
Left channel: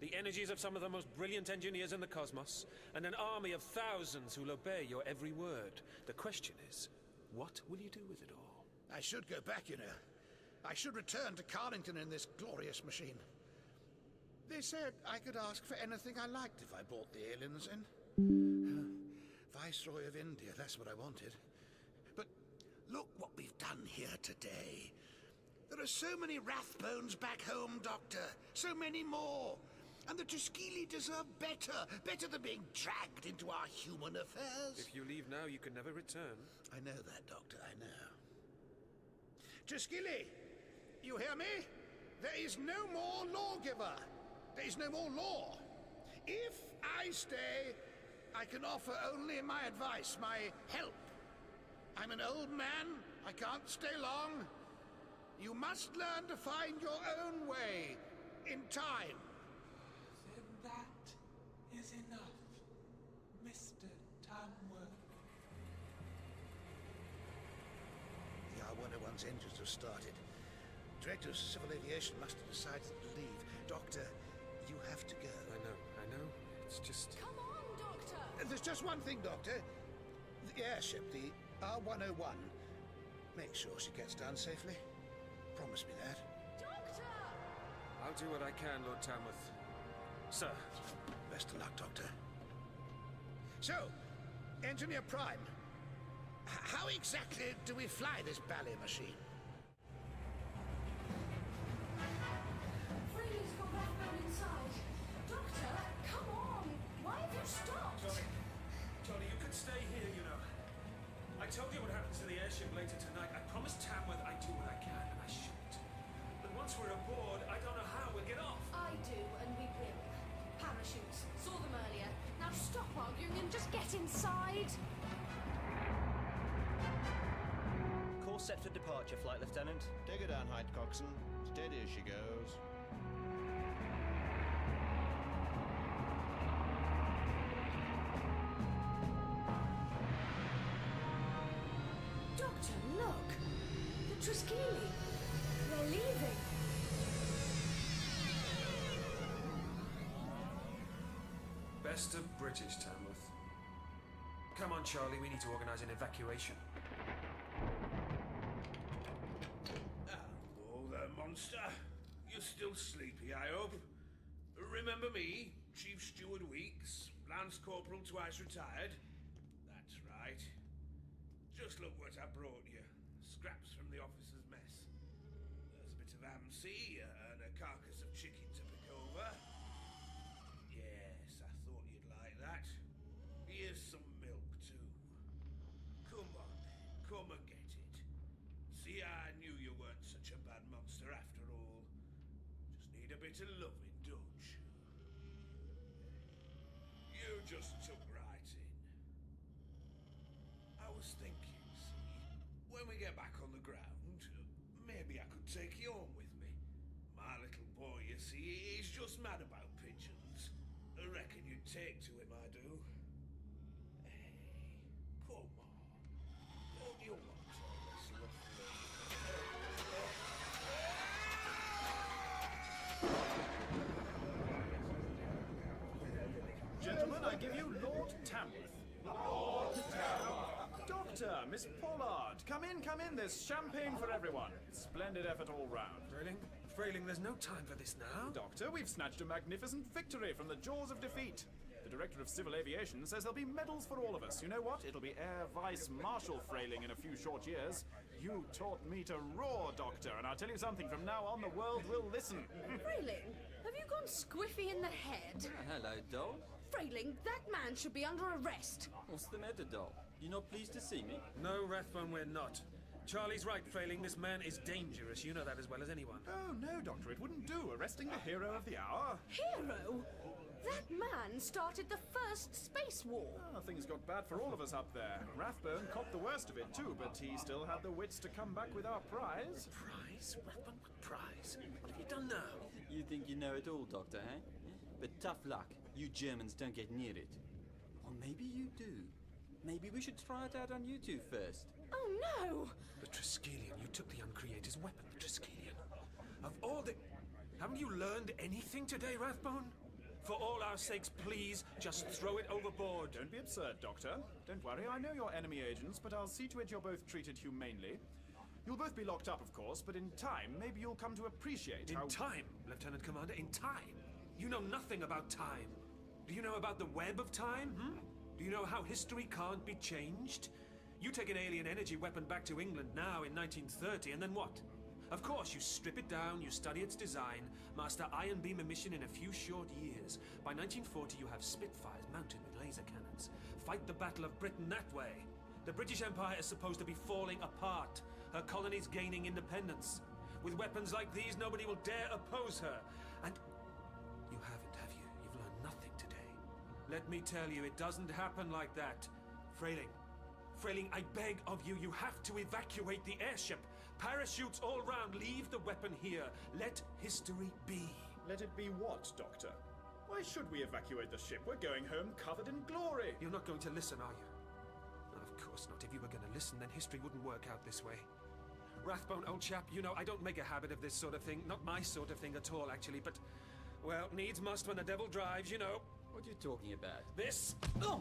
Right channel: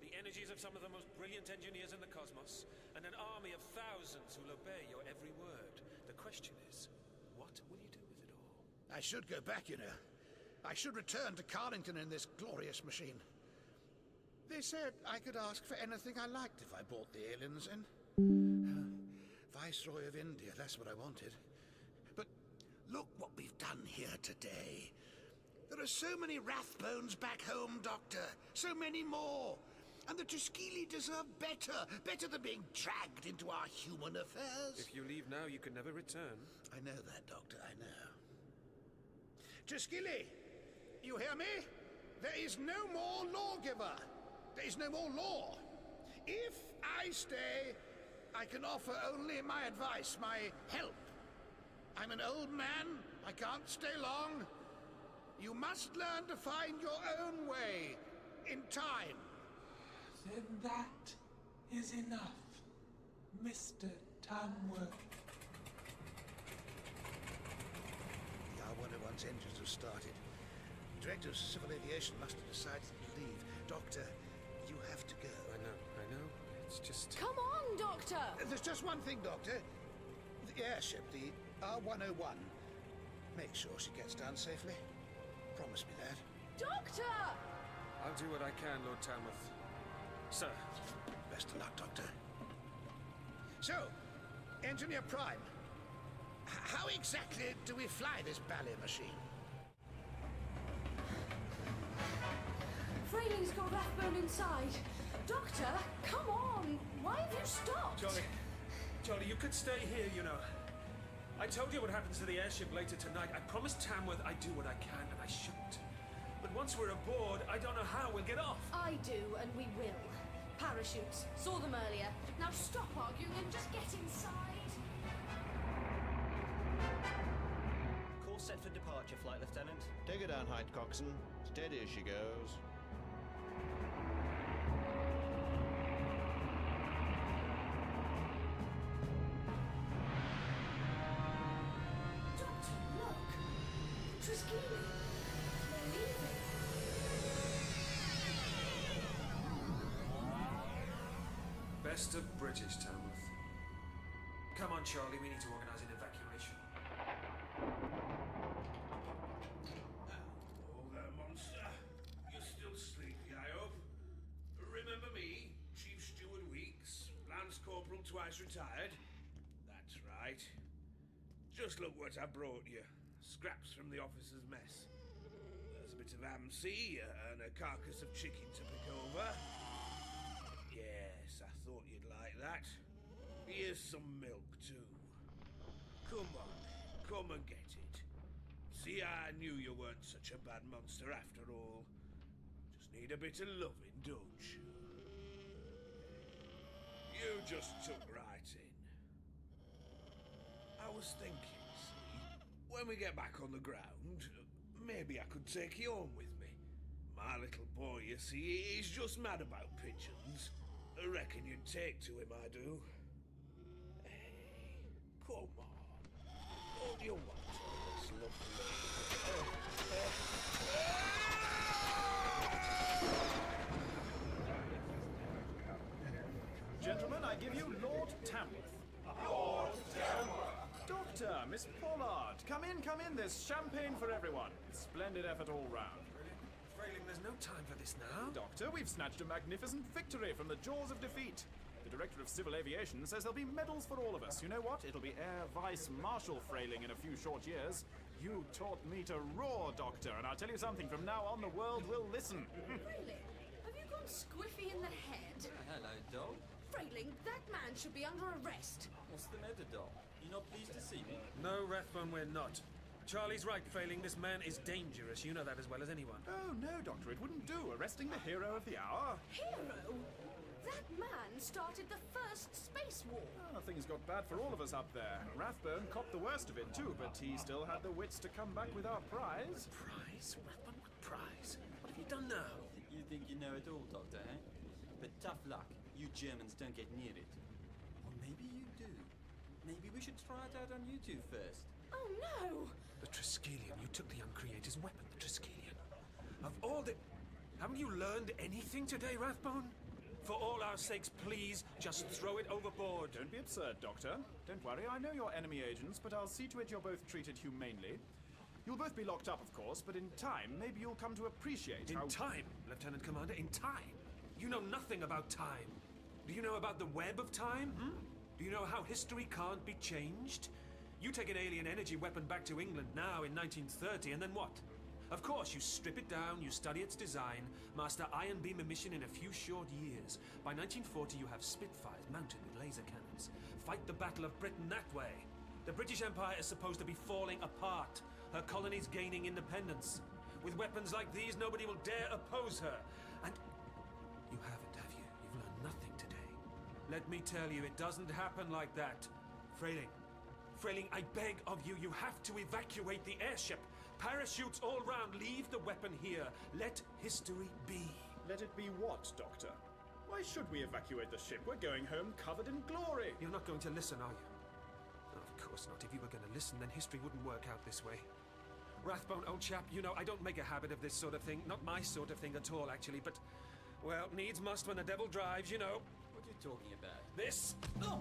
The energies of some of the most brilliant engineers in the cosmos, and an army of thousands who'll obey your every word. The question is, what will you do with it all? I should go back, you know. I should return to Carlington in this glorious machine. They said I could ask for anything I liked if I brought the aliens in. Viceroy of India, that's what I wanted. But look what we've done here today. There are so many Rathbones back home, Doctor. So many more. And the Triskeli deserve better. Better than being dragged into our human affairs. If you leave now, you can never return. I know that, Doctor, I know. Triskeli, you hear me? There is no more lawgiver. There is no more law. If I stay, I can offer only my advice, my help. I'm an old man. I can't stay long. You must learn to find your own way in time. Then that is enough, Mr. Tamworth. The R-101's engines have started. Director of Civil Aviation must have decided to leave. Doctor, you have to go. I know. It's just... Come on, Doctor! There's just one thing, Doctor. The airship, the R-101. Make sure she gets down safely. Promise me that. Doctor! I'll do what I can, Lord Tamworth. Sir. Best of luck, Doctor. So, Engineer Prime, how exactly do we fly this ballet machine? Frayling's got Rathbone inside. Doctor, come on! Why have you stopped? Charlie, you could stay here, you know. I told you what happens to the airship later tonight. I promised Tamworth I'd do what I can, and I shouldn't. But once we're aboard, I don't know how we'll get off. I do, and we will. Parachutes. Saw them earlier. Now stop arguing and just get inside. Course set for departure, Flight Lieutenant. Take her down, Hyde Coxswain. Steady as she goes. Doctor, look! The Triskeli! They're leaving! Best of British, Tamworth. Come on, Charlie, we need to organize an evacuation. Oh, there, monster. You're still sleepy, I hope. Remember me, Chief Steward Weeks, Lance Corporal twice retired? That's right. Just look what I brought you. Scraps from the officer's mess. There's a bit of ham-sea and a carcass of chicken to pick over. Yes, I thought you'd like that. Here's some milk, too. Come on, come and get it. See, I knew you weren't such a bad monster after all. Just need a bit of loving, don't you? You just took right in. I was thinking, see, when we get back on the ground, maybe I could take you home with me. My little boy, you see, he's just mad about pigeons. I reckon you'd take to him, I do. Hey, come on. Don't you want all this lovely... Gentlemen, I give you Lord Tamworth. Lord Tamworth! Doctor, Miss Pollard, come in, there's champagne for everyone. Splendid effort all round. Frayling, there's no time for this now. Doctor, we've snatched a magnificent victory from the jaws of defeat. The Director of Civil Aviation says there'll be medals for all of us. You know what? It'll be Air Vice Marshal Frayling in a few short years. You taught me to roar, Doctor, and I'll tell you something, from now on the world will listen. Frayling, have you gone squiffy in the head? Hello, doll. Frayling, that man should be under arrest. What's the matter, doll? You not pleased to see me? No, Rathbone, we're not. Charlie's right, Frayling. This man is dangerous. You know that as well as anyone. Oh, no, Doctor, it wouldn't do. Arresting the hero of the hour. Hero? That man started the first space war. Oh, things got bad for all of us up there. Rathbone copped the worst of it too, but he still had the wits to come back with our prize. Prize? Rathbone, what prize? What have you done now? You think you know it all, Doctor, eh? But tough luck. You Germans don't get near it. Or maybe you do. Maybe we should try it out on you two first. Oh, no! The Triskelion. You took the Uncreator's weapon, the Triskelion. Of all the... Haven't you learned anything today, Rathbone? For all our sakes, please, just throw it overboard. Don't be absurd, Doctor. Don't worry, I know you're enemy agents, but I'll see to it you're both treated humanely. You'll both be locked up, of course, but in time, maybe you'll come to appreciate how... In time, Lieutenant Commander, in time? You know nothing about time. Do you know about the web of time, Do you know how history can't be changed? You take an alien energy weapon back to England now in 1930, and then what? Of course, you strip it down, you study its design, master ion beam emission in a few short years. By 1940, you have Spitfires mounted with laser cannons. Fight the Battle of Britain that way. The British Empire is supposed to be falling apart, her colonies gaining independence. With weapons like these, nobody will dare oppose her. And you haven't, have you? You've learned nothing today. Let me tell you, it doesn't happen like that. Frayling, I beg of you, you have to evacuate the airship. Parachutes all round, leave the weapon here. Let history be. Let it be what, Doctor? Why should we evacuate the ship? We're going home covered in glory. You're not going to listen, are you? Of course not. If you were going to listen, then history wouldn't work out this way. Rathbone, old chap, you know, I don't make a habit of this sort of thing. Not my sort of thing at all, actually, but... Well, needs must when the devil drives, you know. What are you talking about? This? Oh,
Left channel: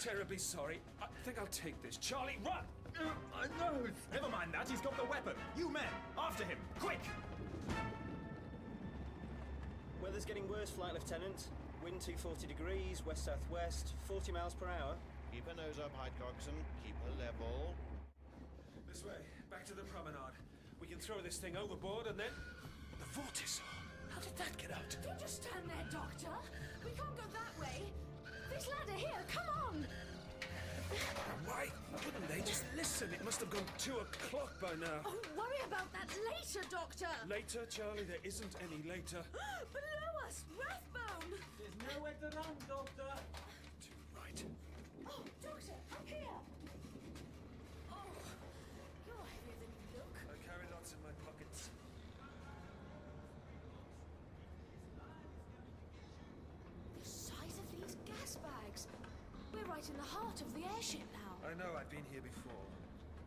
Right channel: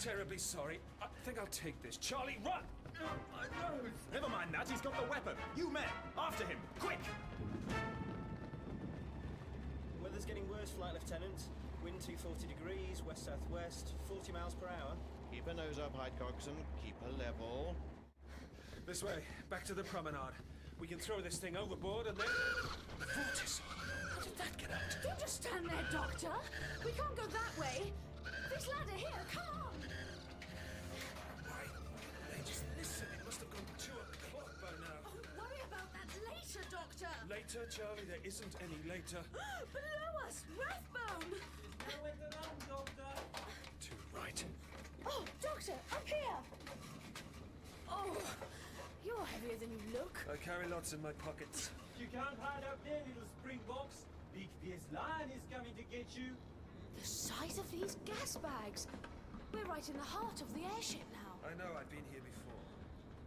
terribly sorry. I think I'll take this. Charlie, run! My nose! Never mind that, he's got the weapon. You men, after him, quick! Weather's getting worse, Flight Lieutenant. Wind 240 degrees, west-southwest, 40 miles per hour. Keep her nose up, Hyde Coxon. Keep her level. This way, back to the promenade. We can throw this thing overboard and then... The vortice! How did that get out? Don't just stand there, Doctor. We can't go that way. This ladder here, come on! Why wouldn't they just listen? It must have gone 2 o'clock by now. Oh, worry about that later, Doctor. Later, Charlie? There isn't any later. Below us, Rathbone! There's nowhere to run, Doctor. Too right. Oh, Doctor, up here! Oh, you're heavier than you look. I carry lots in my pockets. You can't hide up there, little springboks. Big fierce lion is coming to get you. The size of these gas bags. We're right in the heart of the airship now. I know, I've been here before.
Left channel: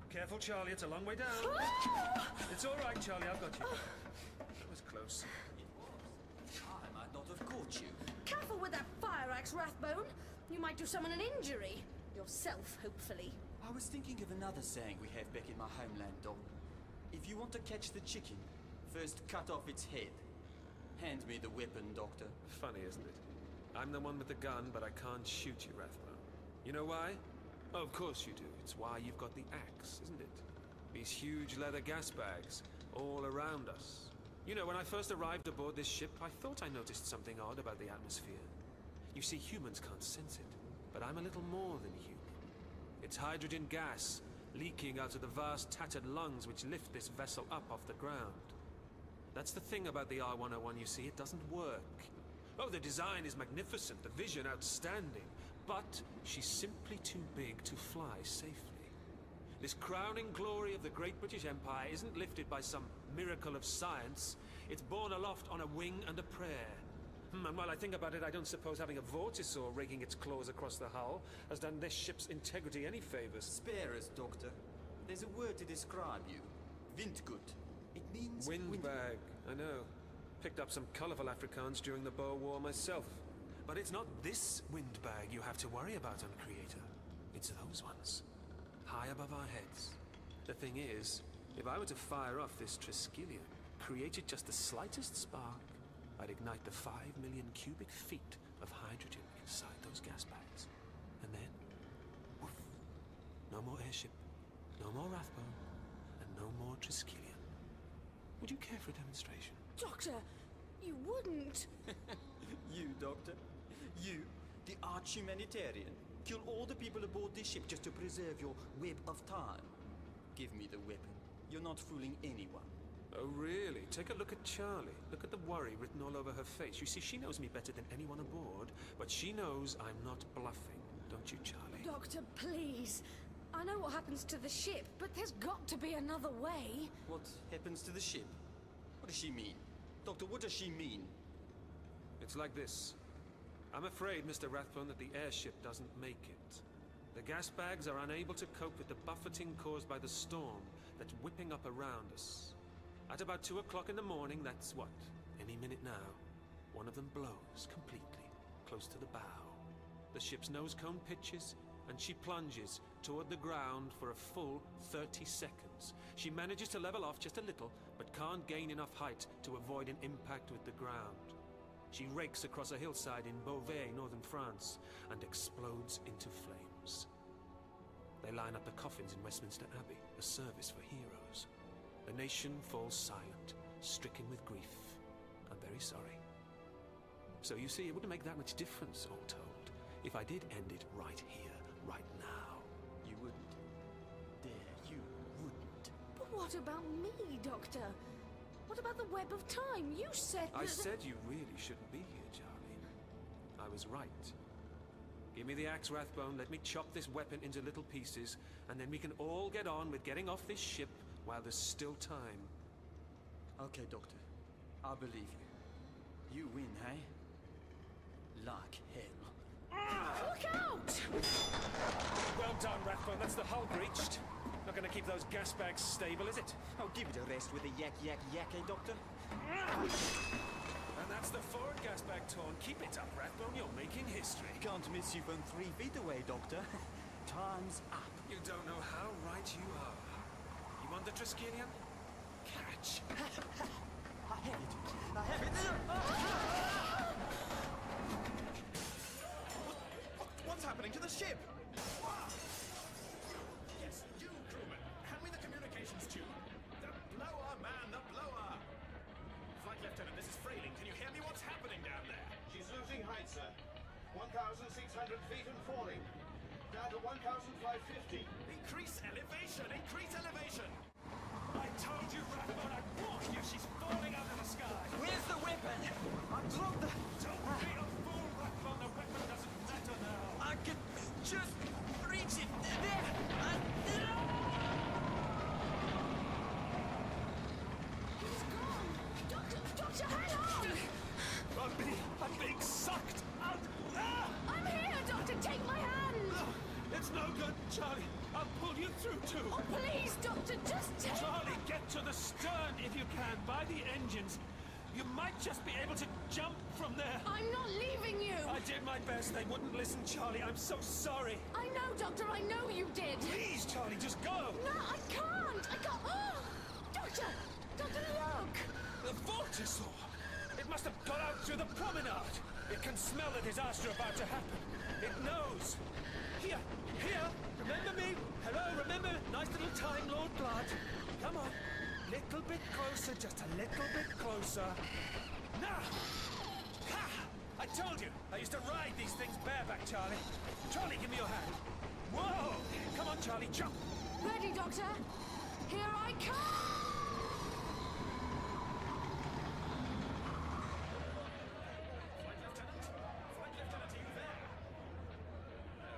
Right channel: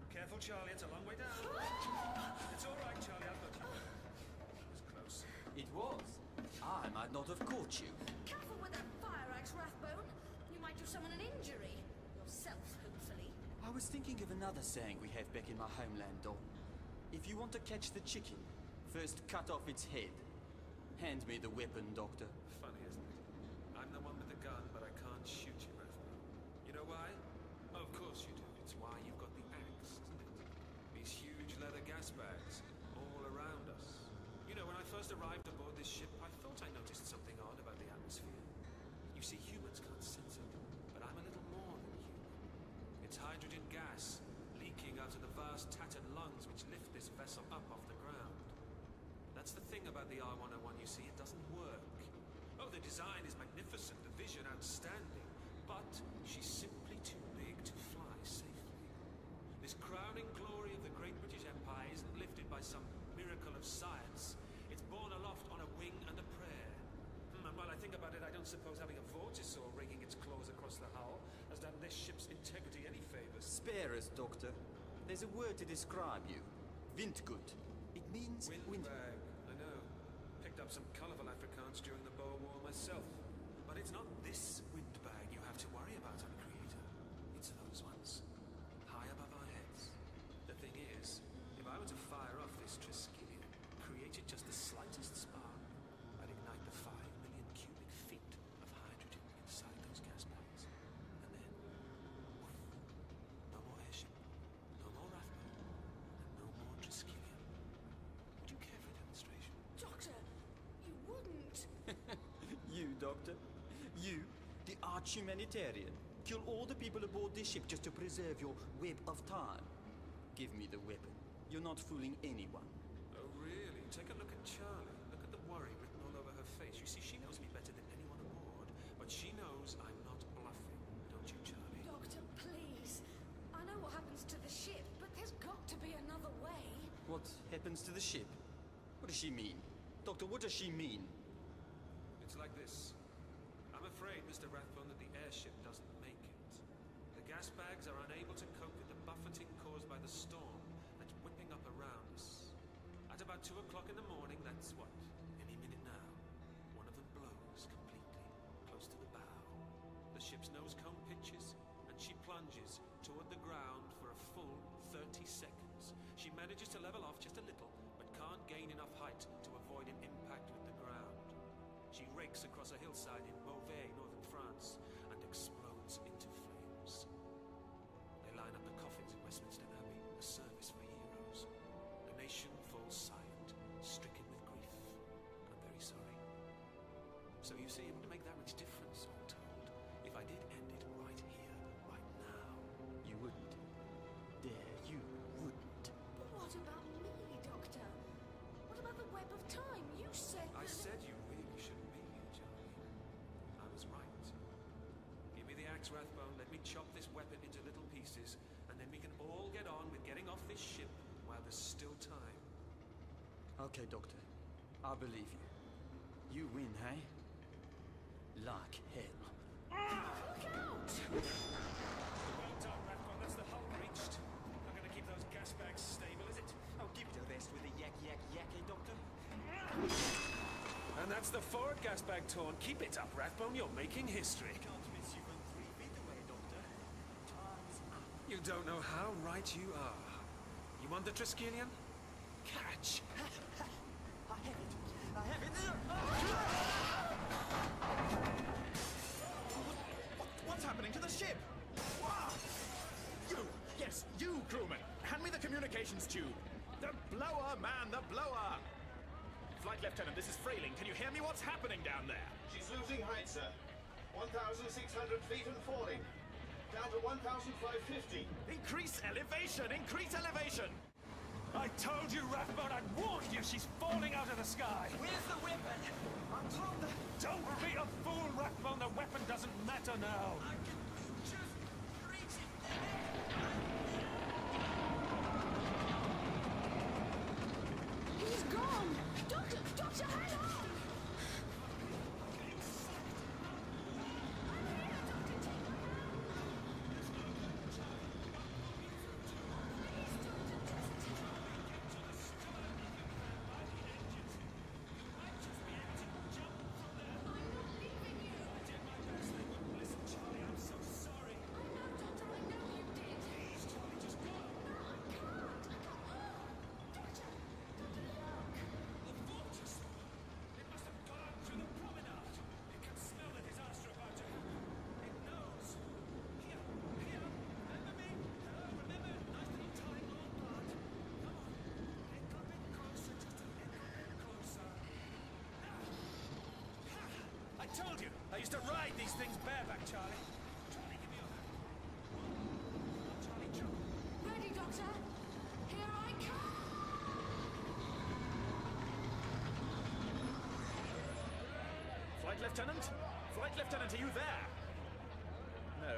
Careful, Charlie, it's a long way down. It's all right, Charlie, I've got you. That was close. It was. I might not have caught you. Careful with that fire axe, Rathbone. You might do someone an injury. Yourself, hopefully. I was thinking of another saying we have back in my homeland, doll. If you want to catch the chicken, first cut off its head. Hand me the weapon, Doctor. Funny, isn't it? I'm the one with the gun, but I can't shoot you, Rathbone. You know why? Oh, of course you do. It's why you've got the axe, isn't it? These huge leather gas bags, all around us. You know, when I first arrived aboard this ship, I thought I noticed something odd about the atmosphere. You see, humans can't sense it, but I'm a little more than human. It's hydrogen gas, leaking out of the vast tattered lungs which lift this vessel up off the ground. That's the thing about the R101, you see, it doesn't work. Oh, the design is magnificent, the vision outstanding, but she's simply too big to fly safely. This crowning glory of the great British Empire isn't lifted by some miracle of science. It's borne aloft on a wing and a prayer. And while I think about it, I don't suppose having a vortisaur raking its claws across the hull has done this ship's integrity any favors. Spare us, Doctor. There's a word to describe you. Windgut. It means... Windbag, I know. Picked up some colourful Afrikaans during the Boer War myself. But it's not this windbag you have to worry about, Uncreator. It's those ones. High above our heads. The thing is, if I were to fire off this Triskelion, created just the slightest spark, I'd ignite the 5 million cubic feet of hydrogen inside those gas bags. And then, woof. No more airship, no more Rathbone, and no more Triskelion. Would you care for a demonstration? Doctor, you wouldn't. You, Doctor? You, the arch-humanitarian, kill all the people aboard this ship just to preserve your web of time. Give me the weapon. You're not fooling anyone. Oh, really? Take a look at Charlie. Look at the worry written all over her face. You see, she knows me better than anyone aboard, but she knows I'm not bluffing. Don't you, Charlie? Doctor, please. I know what happens to the ship, but there's got to be another way. What happens to the ship? What does she mean? Doctor, what does she mean? It's like this. I'm afraid, Mr. Rathbone, that the airship doesn't make it. The gas bags are unable to cope with the buffeting caused by the storm that's whipping up around us. At about 2 o'clock in the morning, that's what? Any minute now, one of them blows completely, close to the bow. The ship's nose cone pitches, and she plunges toward the ground for a full 30 seconds. She manages to level off just a little, but can't gain enough height to avoid an impact with the ground. She rakes across a hillside in Beauvais, northern France, and explodes into flames. They line up the coffins in Westminster Abbey, a service for heroes. The nation falls silent, stricken with grief. I'm very sorry. So you see, it wouldn't make that much difference, all told, if I did end it right here, right now. You wouldn't. Dare, you wouldn't. But what about me, Doctor? What about the web of time? You said that... I said you really shouldn't be here, Charlie. I was right. Give me the axe, Rathbone. Let me chop this weapon into little pieces, and then we can all get on with getting off this ship while there's still time. Okay, Doctor. I believe you. You win, hey? Like hell. Look out! Well done, Rathbone. That's the hull breached. Not gonna keep those gas bags stable, is it? Oh, give it a rest with a yak, eh, Doctor? And that's the forward gas bag torn. Keep it up, Rathbone. You're making history. Can't miss you from 3 feet away, Doctor. Time's up. You don't know how right you are. You want the Triskelion? Catch! I have it. I have it. What's happening to the ship? You! Yes, you, crewman! Hand me the communications tube! The blower, man, the blower! Flight Lieutenant, this is Frayling. Can you hear me? What's happening down there? She's losing height, sir. 1,600 feet and falling. Down to 1,550. Increase elevation! Increase elevation! I told you, Rathbone, I warned you! She's falling out of the sky! Where's the weapon? I dropped the... Don't be a fool, Rathbone! The weapon doesn't matter now! I can just reach it. There! He's gone! Doctor, hang on! I'm being sucked out! I'm here, Doctor! Take my hand! It's no good, Charlie! I'll pull you through, too! Oh, please, Doctor, just take... Charlie, get to the stern if you can, by the engines. You might just be able to jump from there. I'm not leaving you! I did my best. They wouldn't listen, Charlie. I'm so sorry. I know, Doctor, I know you did. Please, Charlie, just go! No, I can't! Oh! Doctor, look! The vortisaur! It must have got out through the promenade. It can smell the disaster about to happen. It knows. Here! Remember me? Hello, remember? Nice little Time Lord blood. Come on. Little bit closer, just a little bit closer. Now! Ha! I told you! I used to ride these things bareback, Charlie. Charlie, give me your hand. Whoa! Come on, Charlie, jump! Ready, Doctor? Here I come! Flight Lieutenant? Flight Lieutenant, are you there? No.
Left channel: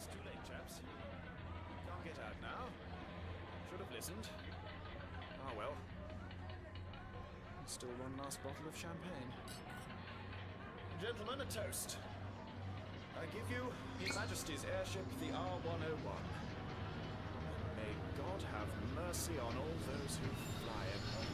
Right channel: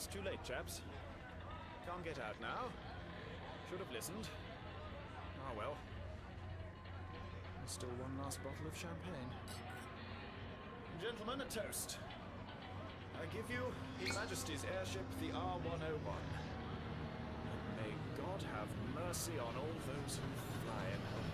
It's too late, chaps. Can't get out now. Should have listened. Ah, well. There's still one last bottle of champagne. Gentlemen, a toast. I give you His Majesty's airship, the R101. And may God have mercy on all those who fly in her.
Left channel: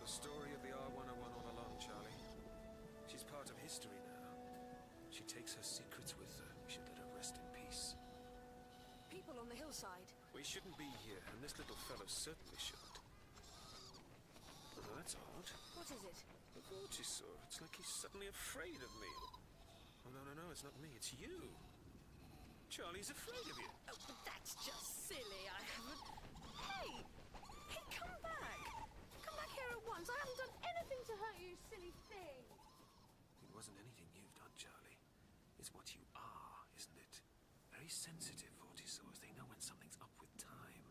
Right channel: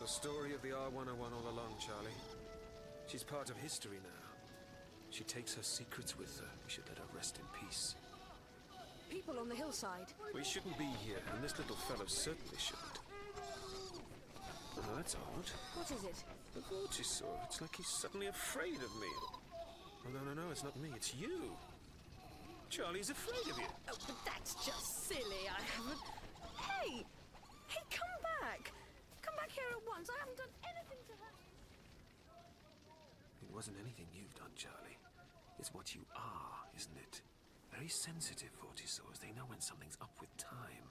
The story of the R101 all along, Charlie. She's part of history now. She takes her secrets with her. We should let her rest in peace. People on the hillside. We shouldn't be here, and this little fellow certainly shouldn't. Oh, that's odd. What is it? The Vortisaur. It's like he's suddenly afraid of me. Oh, no, it's not me. It's you. Charlie's afraid of you. Oh, but that's just silly. I haven't... Hey! Hey, come back! Come back here at once. I haven't done anything to hurt you, silly thing. It wasn't anything you've done, Charlie. It's what you are, isn't it? Very sensitive, Vortisaurs. They know when something's up with time.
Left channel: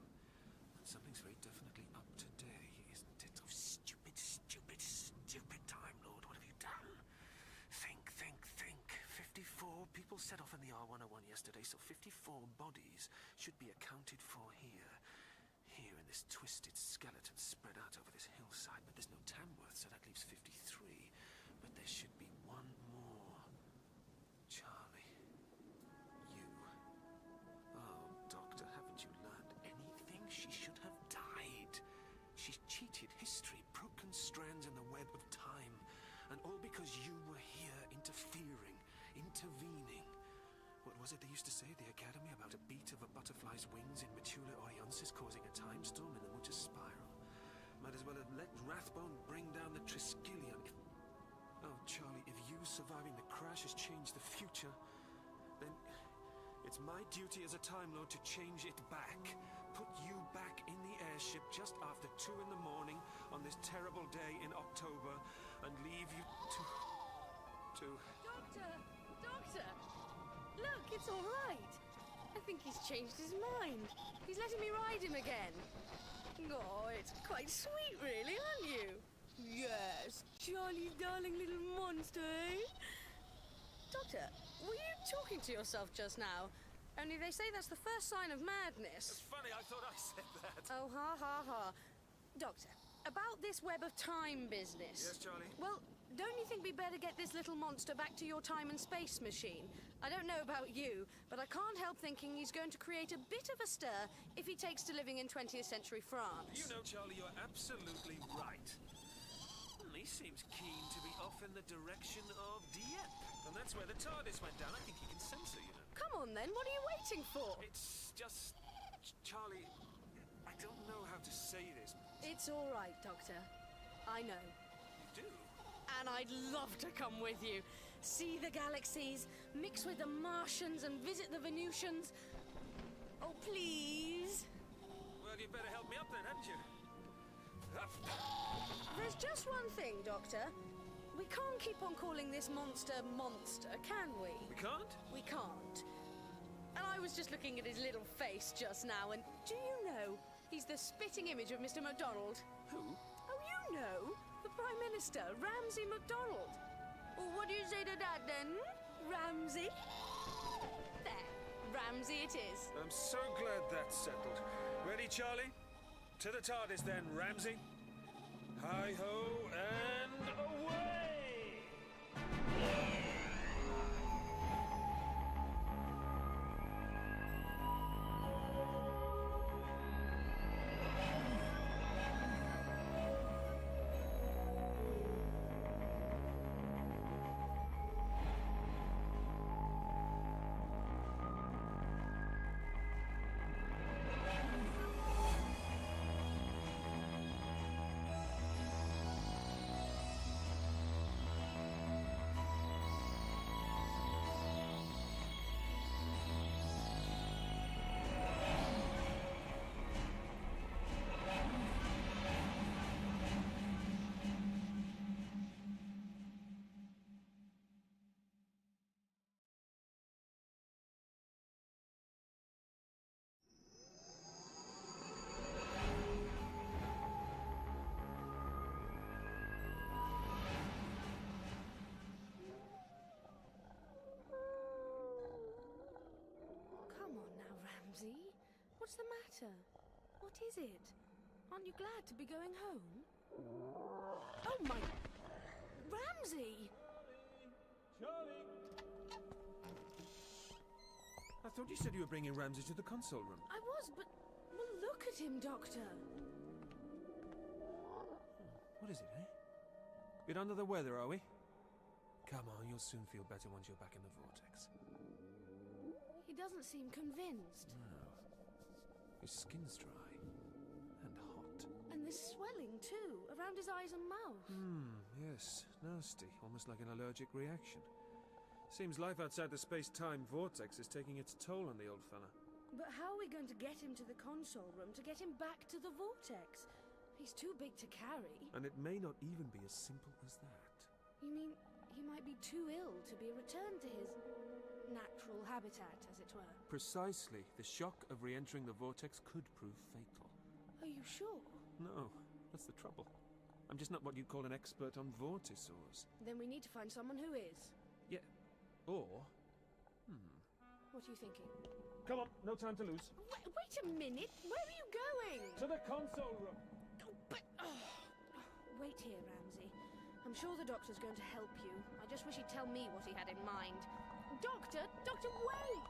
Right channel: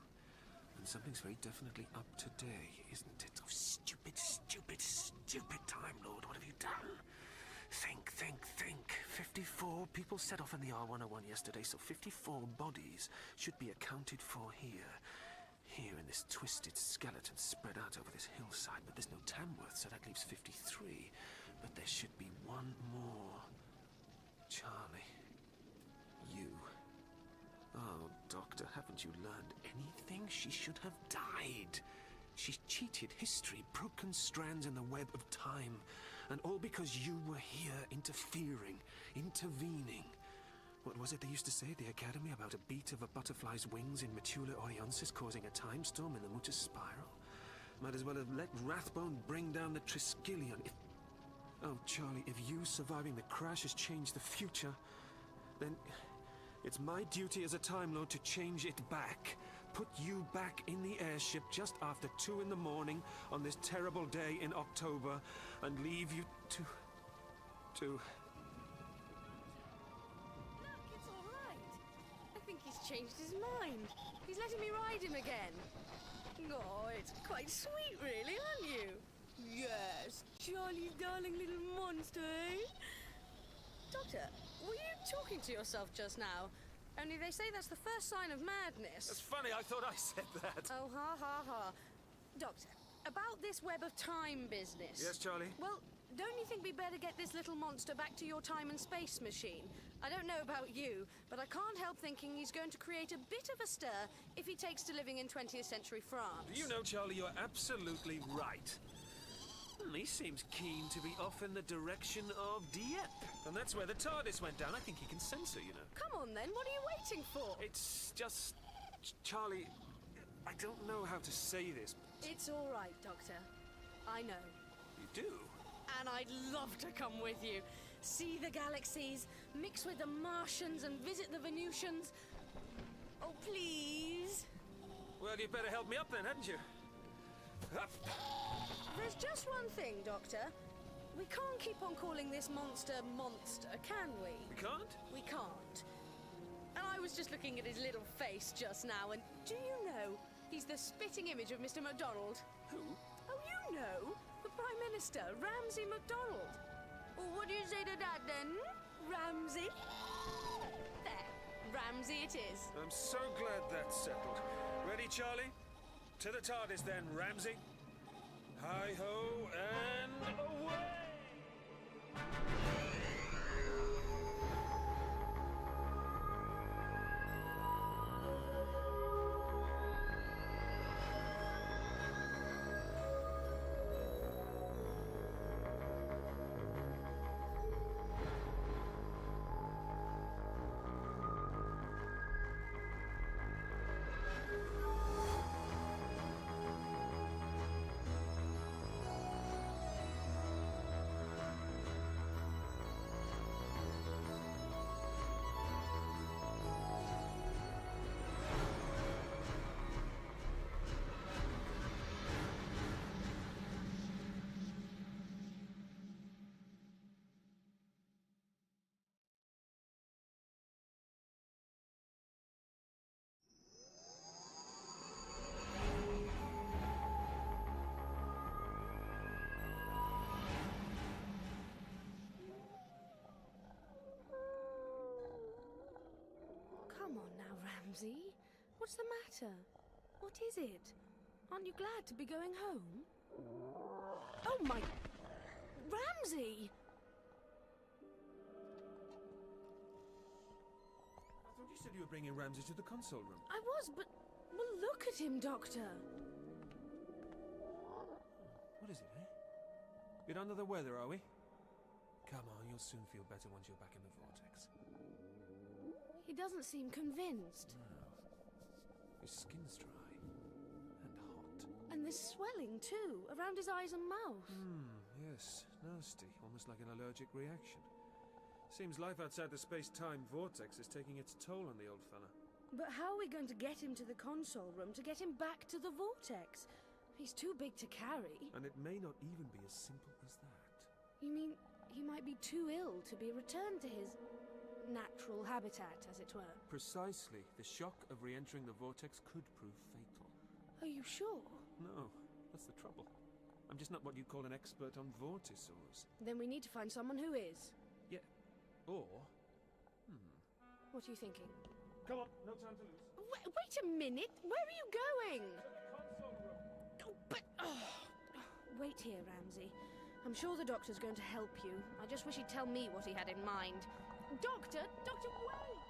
And something's very definitely up today, isn't it? Oh, stupid, stupid, stupid Time Lord. What have you done? Think. 54 people set off in the R101 yesterday, so 54 bodies should be accounted for here. Here in this twisted skeleton spread out over this hillside, but there's no Tamworth, so that leaves 53. But there should be one more. Charlie. You. Oh, Doctor, haven't you learned anything? She should have died. She cheated history, broken strands in the web of time. And all because you were here interfering, intervening. What was it they used to say at the Academy about a beat of a butterfly's wings in Metula Orionsis causing a time storm in the Mutus Spiral? Might as well have let Rathbone bring down the Triskelion. Oh, Charlie, if you surviving the crash has changed the future, then it's my duty as a Time Lord to change it back. Put you back in the airship just after 2 in the morning on this terrible day in October and leave you to... Doctor! Look, it's all right. I think he's changed his mind. He's letting me ride him again. Oh, it's quite sweet, really, aren't you? Yes, Charlie's darling little monster, eh? Doctor, were you talking to yourself just now? Only they say that's the first sign of madness. That's funny, I thought I said that. Oh, ha, ha, ha. Doctor, about this web of time business. Yes, Charlie? Well, don't you think we better get this little monster back to your time and space machine? I don't know about you, but I can't help thinking he's going to create a bit of a stir if he takes to living in 20th century France. You know, Charlie, you're absolutely right. He seems keen to be off in the direction of Dieppe. And that's where the TARDIS went down. I think he can sense her, you know. Come on, then. What are you waiting for? It's just... Charlie, I don't know how to say this. It's all right, Doctor. I know. You do? And I'd love to come with you. See the galaxies, mix with the Martians and visit the Venusians. Oh, please. Well, you'd better help me up then, hadn't you? There's just one thing, Doctor. We can't keep on calling this monster, can we? We can't? We can't. And I was just looking at his little face just now, and do you know, he's the spitting image of Mr. MacDonald. Who? Oh, you know, the Prime Minister, Ramsay MacDonald. Well, what do you say to that, then? Ramsay? There, Ramsay it is. I'm so glad that's settled. Ready, Charlie? To the TARDIS then, Ramsay. Hi-ho and away! Ramsey? What's the matter? What is it? Aren't you glad to be going home? Oh my... Ramsey! I thought you said you were bringing Ramsey to the console room. I was, but... Well, look at him, Doctor. What is it, eh? Bit under the weather, are we? Come on, you'll soon feel better once you're back in the vortex. He doesn't seem convinced. No. His skin's dry. And hot. And there's swelling, too, around his eyes and mouth. Yes. Nasty. Almost like an allergic reaction. Seems life outside the space-time vortex is taking its toll on the old fella. But how are we going to get him to the console room to get him back to the vortex? He's too big to carry. And it may not even be as simple as that. You mean he might be too ill to be returned to his natural habitat, as it were? Precisely. The shock of re-entering the vortex could prove fatal. Are you sure? No, that's the trouble. I'm just not what you'd call an expert on vortisaurs. Then we need to find someone who is. Yeah. Or... What are you thinking? Come on, no time to lose. Wait a minute! Where are you going? To the console room. Oh, but... Wait here, Ramsey. I'm sure the doctor's going to help you. I just wish he'd tell me what he had in mind. Doctor! Doctor, wait!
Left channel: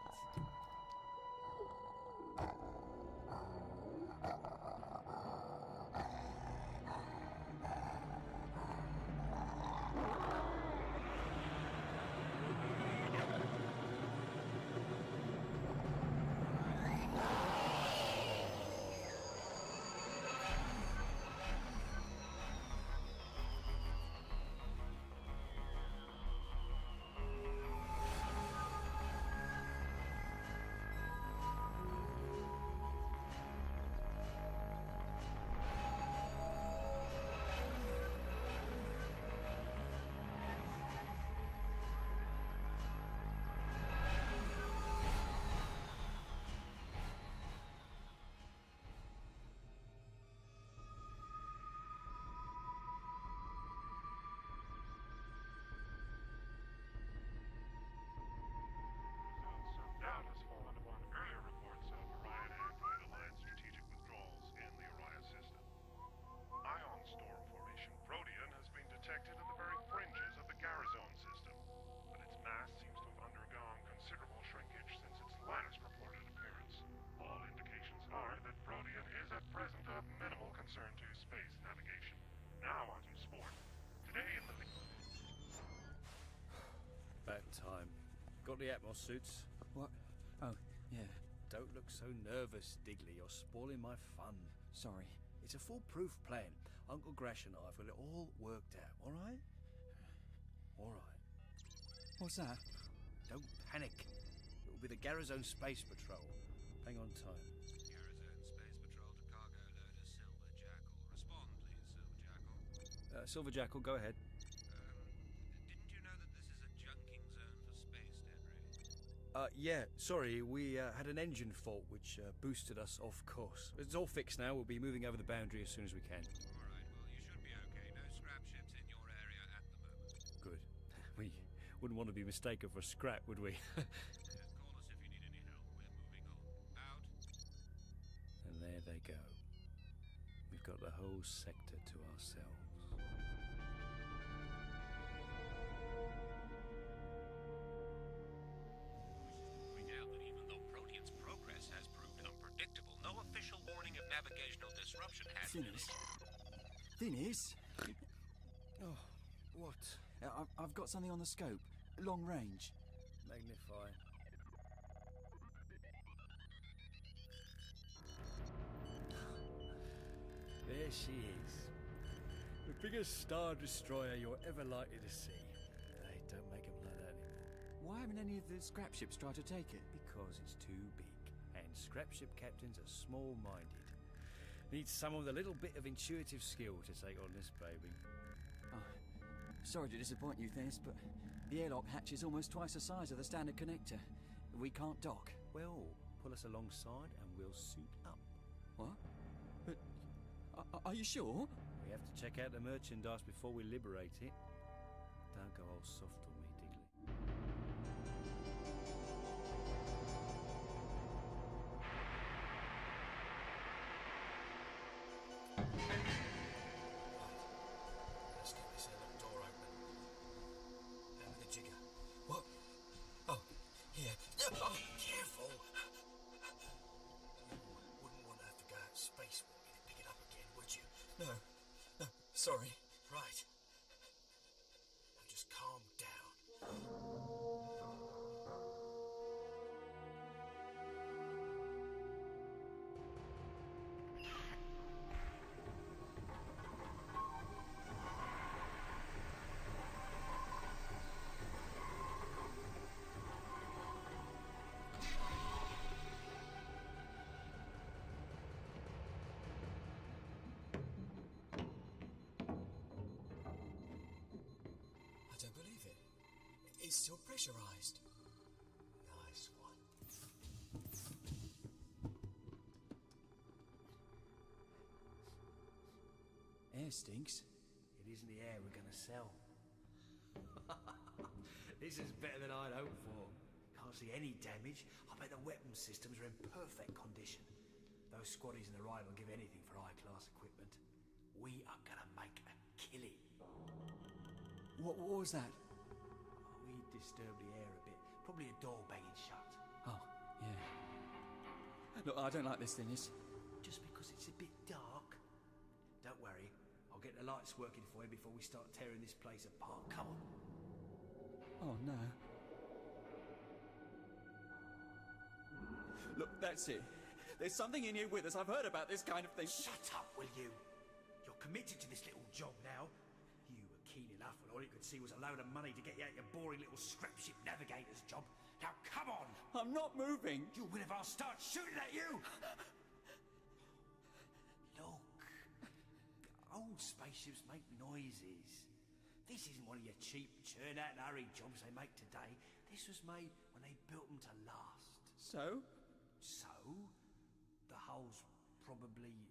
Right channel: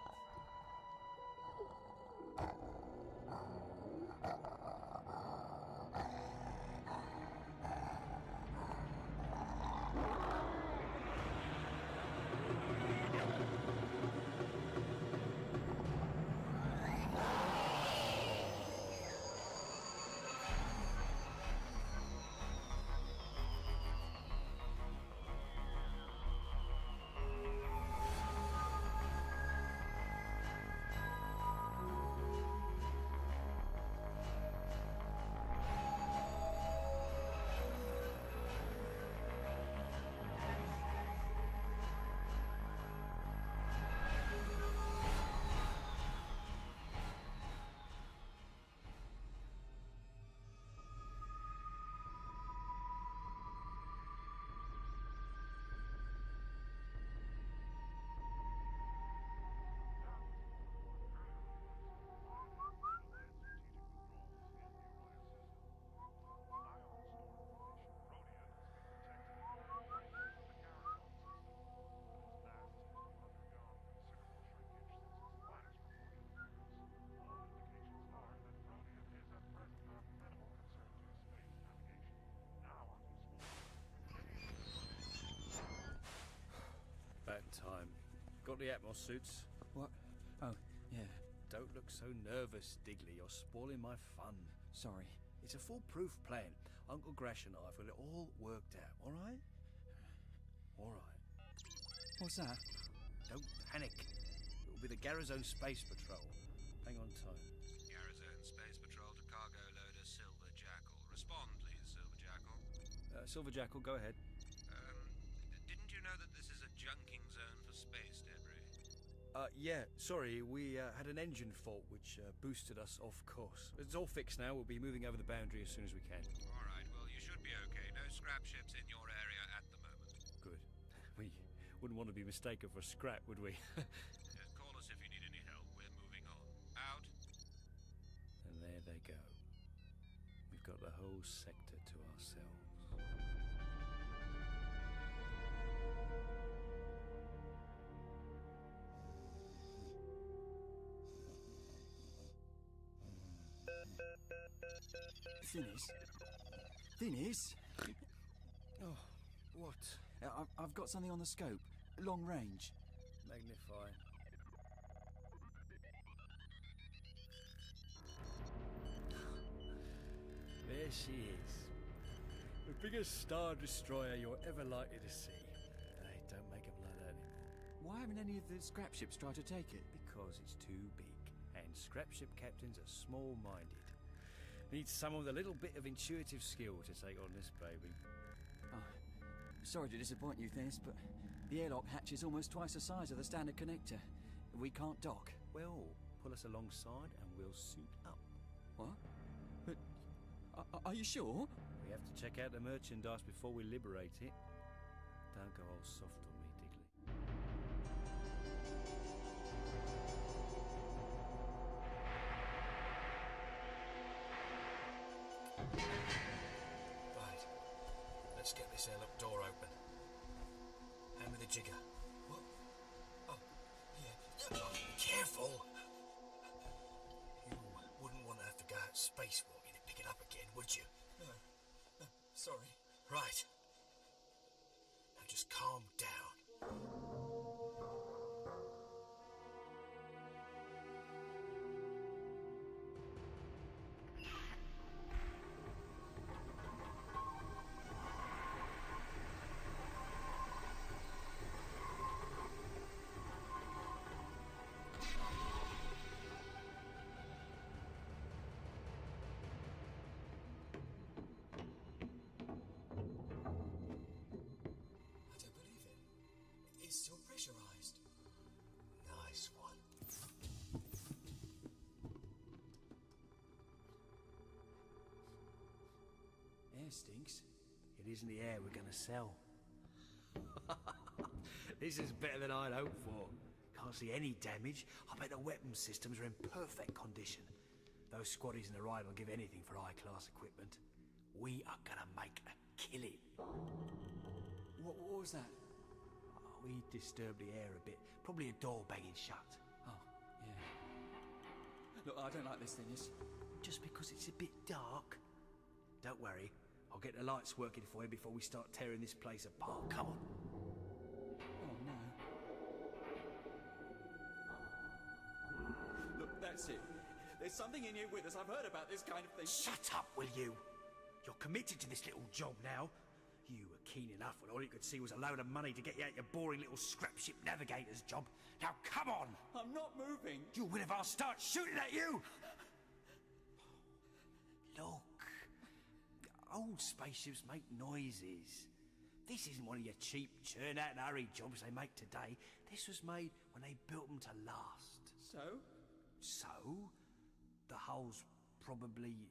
Time. Got the Atmos suits? What? Oh, yeah. Don't look so nervous, Digley. You're spoiling my fun. Sorry. It's a foolproof plan. Uncle Grash and I've got it all worked out, all right? All right. What's that? Don't panic. It will be the Garazone Space Patrol. Hang on time. Garazone Space Patrol to cargo loader Silver Jackal. Respond, please, Silver Jackal. Silver Jackal, go ahead. Didn't you know that this is a junking zone for space debris? Yeah, sorry, we had an engine fault which boosted us off course. It's all fixed now. We'll be moving over the boundary as soon as we can. All right, well, you should be okay. No scrap ships in your area at the moment. Good. We wouldn't want to be mistaken for scrap, would we? Just call us if you need any help. We're moving on. Out. And there they go. We've got the whole sector to ourselves. We doubt that even though Protean's progress has proved unpredictable, no official warning of navigational disruption has... Thinis? Oh, what? I've got something on the scope. Long range. Magnify. There she is. The biggest Star Destroyer you're ever likely to see. Hey, don't make them like that anymore. Why haven't any of the scrap ships tried to take it? Because it's too big. And scrap ship captains are small-minded. Need someone with a little bit of intuitive skill to take on this baby. Oh, sorry to disappoint you, Thinis, but the airlock hatch is almost twice the size of the standard connector. We can't dock. Well, pull us alongside and we'll suit up. What? But are you sure? We have to check out the merchandise before we liberate it. Don't go all soft on me, Digley. did you? No. No, sorry. Right. Now just calm down. It's still pressurized. Nice one. Air stinks. It isn't the air we're going to sell. This is better than I'd hoped for. Can't see any damage. I bet the weapon systems are in perfect condition. Those squaddies in the ride will give anything for high-class equipment. We are going to make a killing. What was that? We disturbed the air a bit. Probably a door banging shut. Oh, yeah. Look, I don't like this, Dennis. Just because it's a bit dark? Don't worry. I'll get the lights working for you before we start tearing this place apart. Come on. Oh, no. Look, that's it. There's something in here with us. I've heard about this kind of thing. Shut up, will you? You're committed to this little job now. You were keen enough when all you could see was a load of money to get you out your boring little scrap ship navigator's job. Now, come on! I'm not moving! You will if I'll start shooting at you! Look. Old spaceships make noises. This isn't one of your cheap churn-out-and-hurry jobs they make today. This was made when they built them to last. So? So? The hull's probably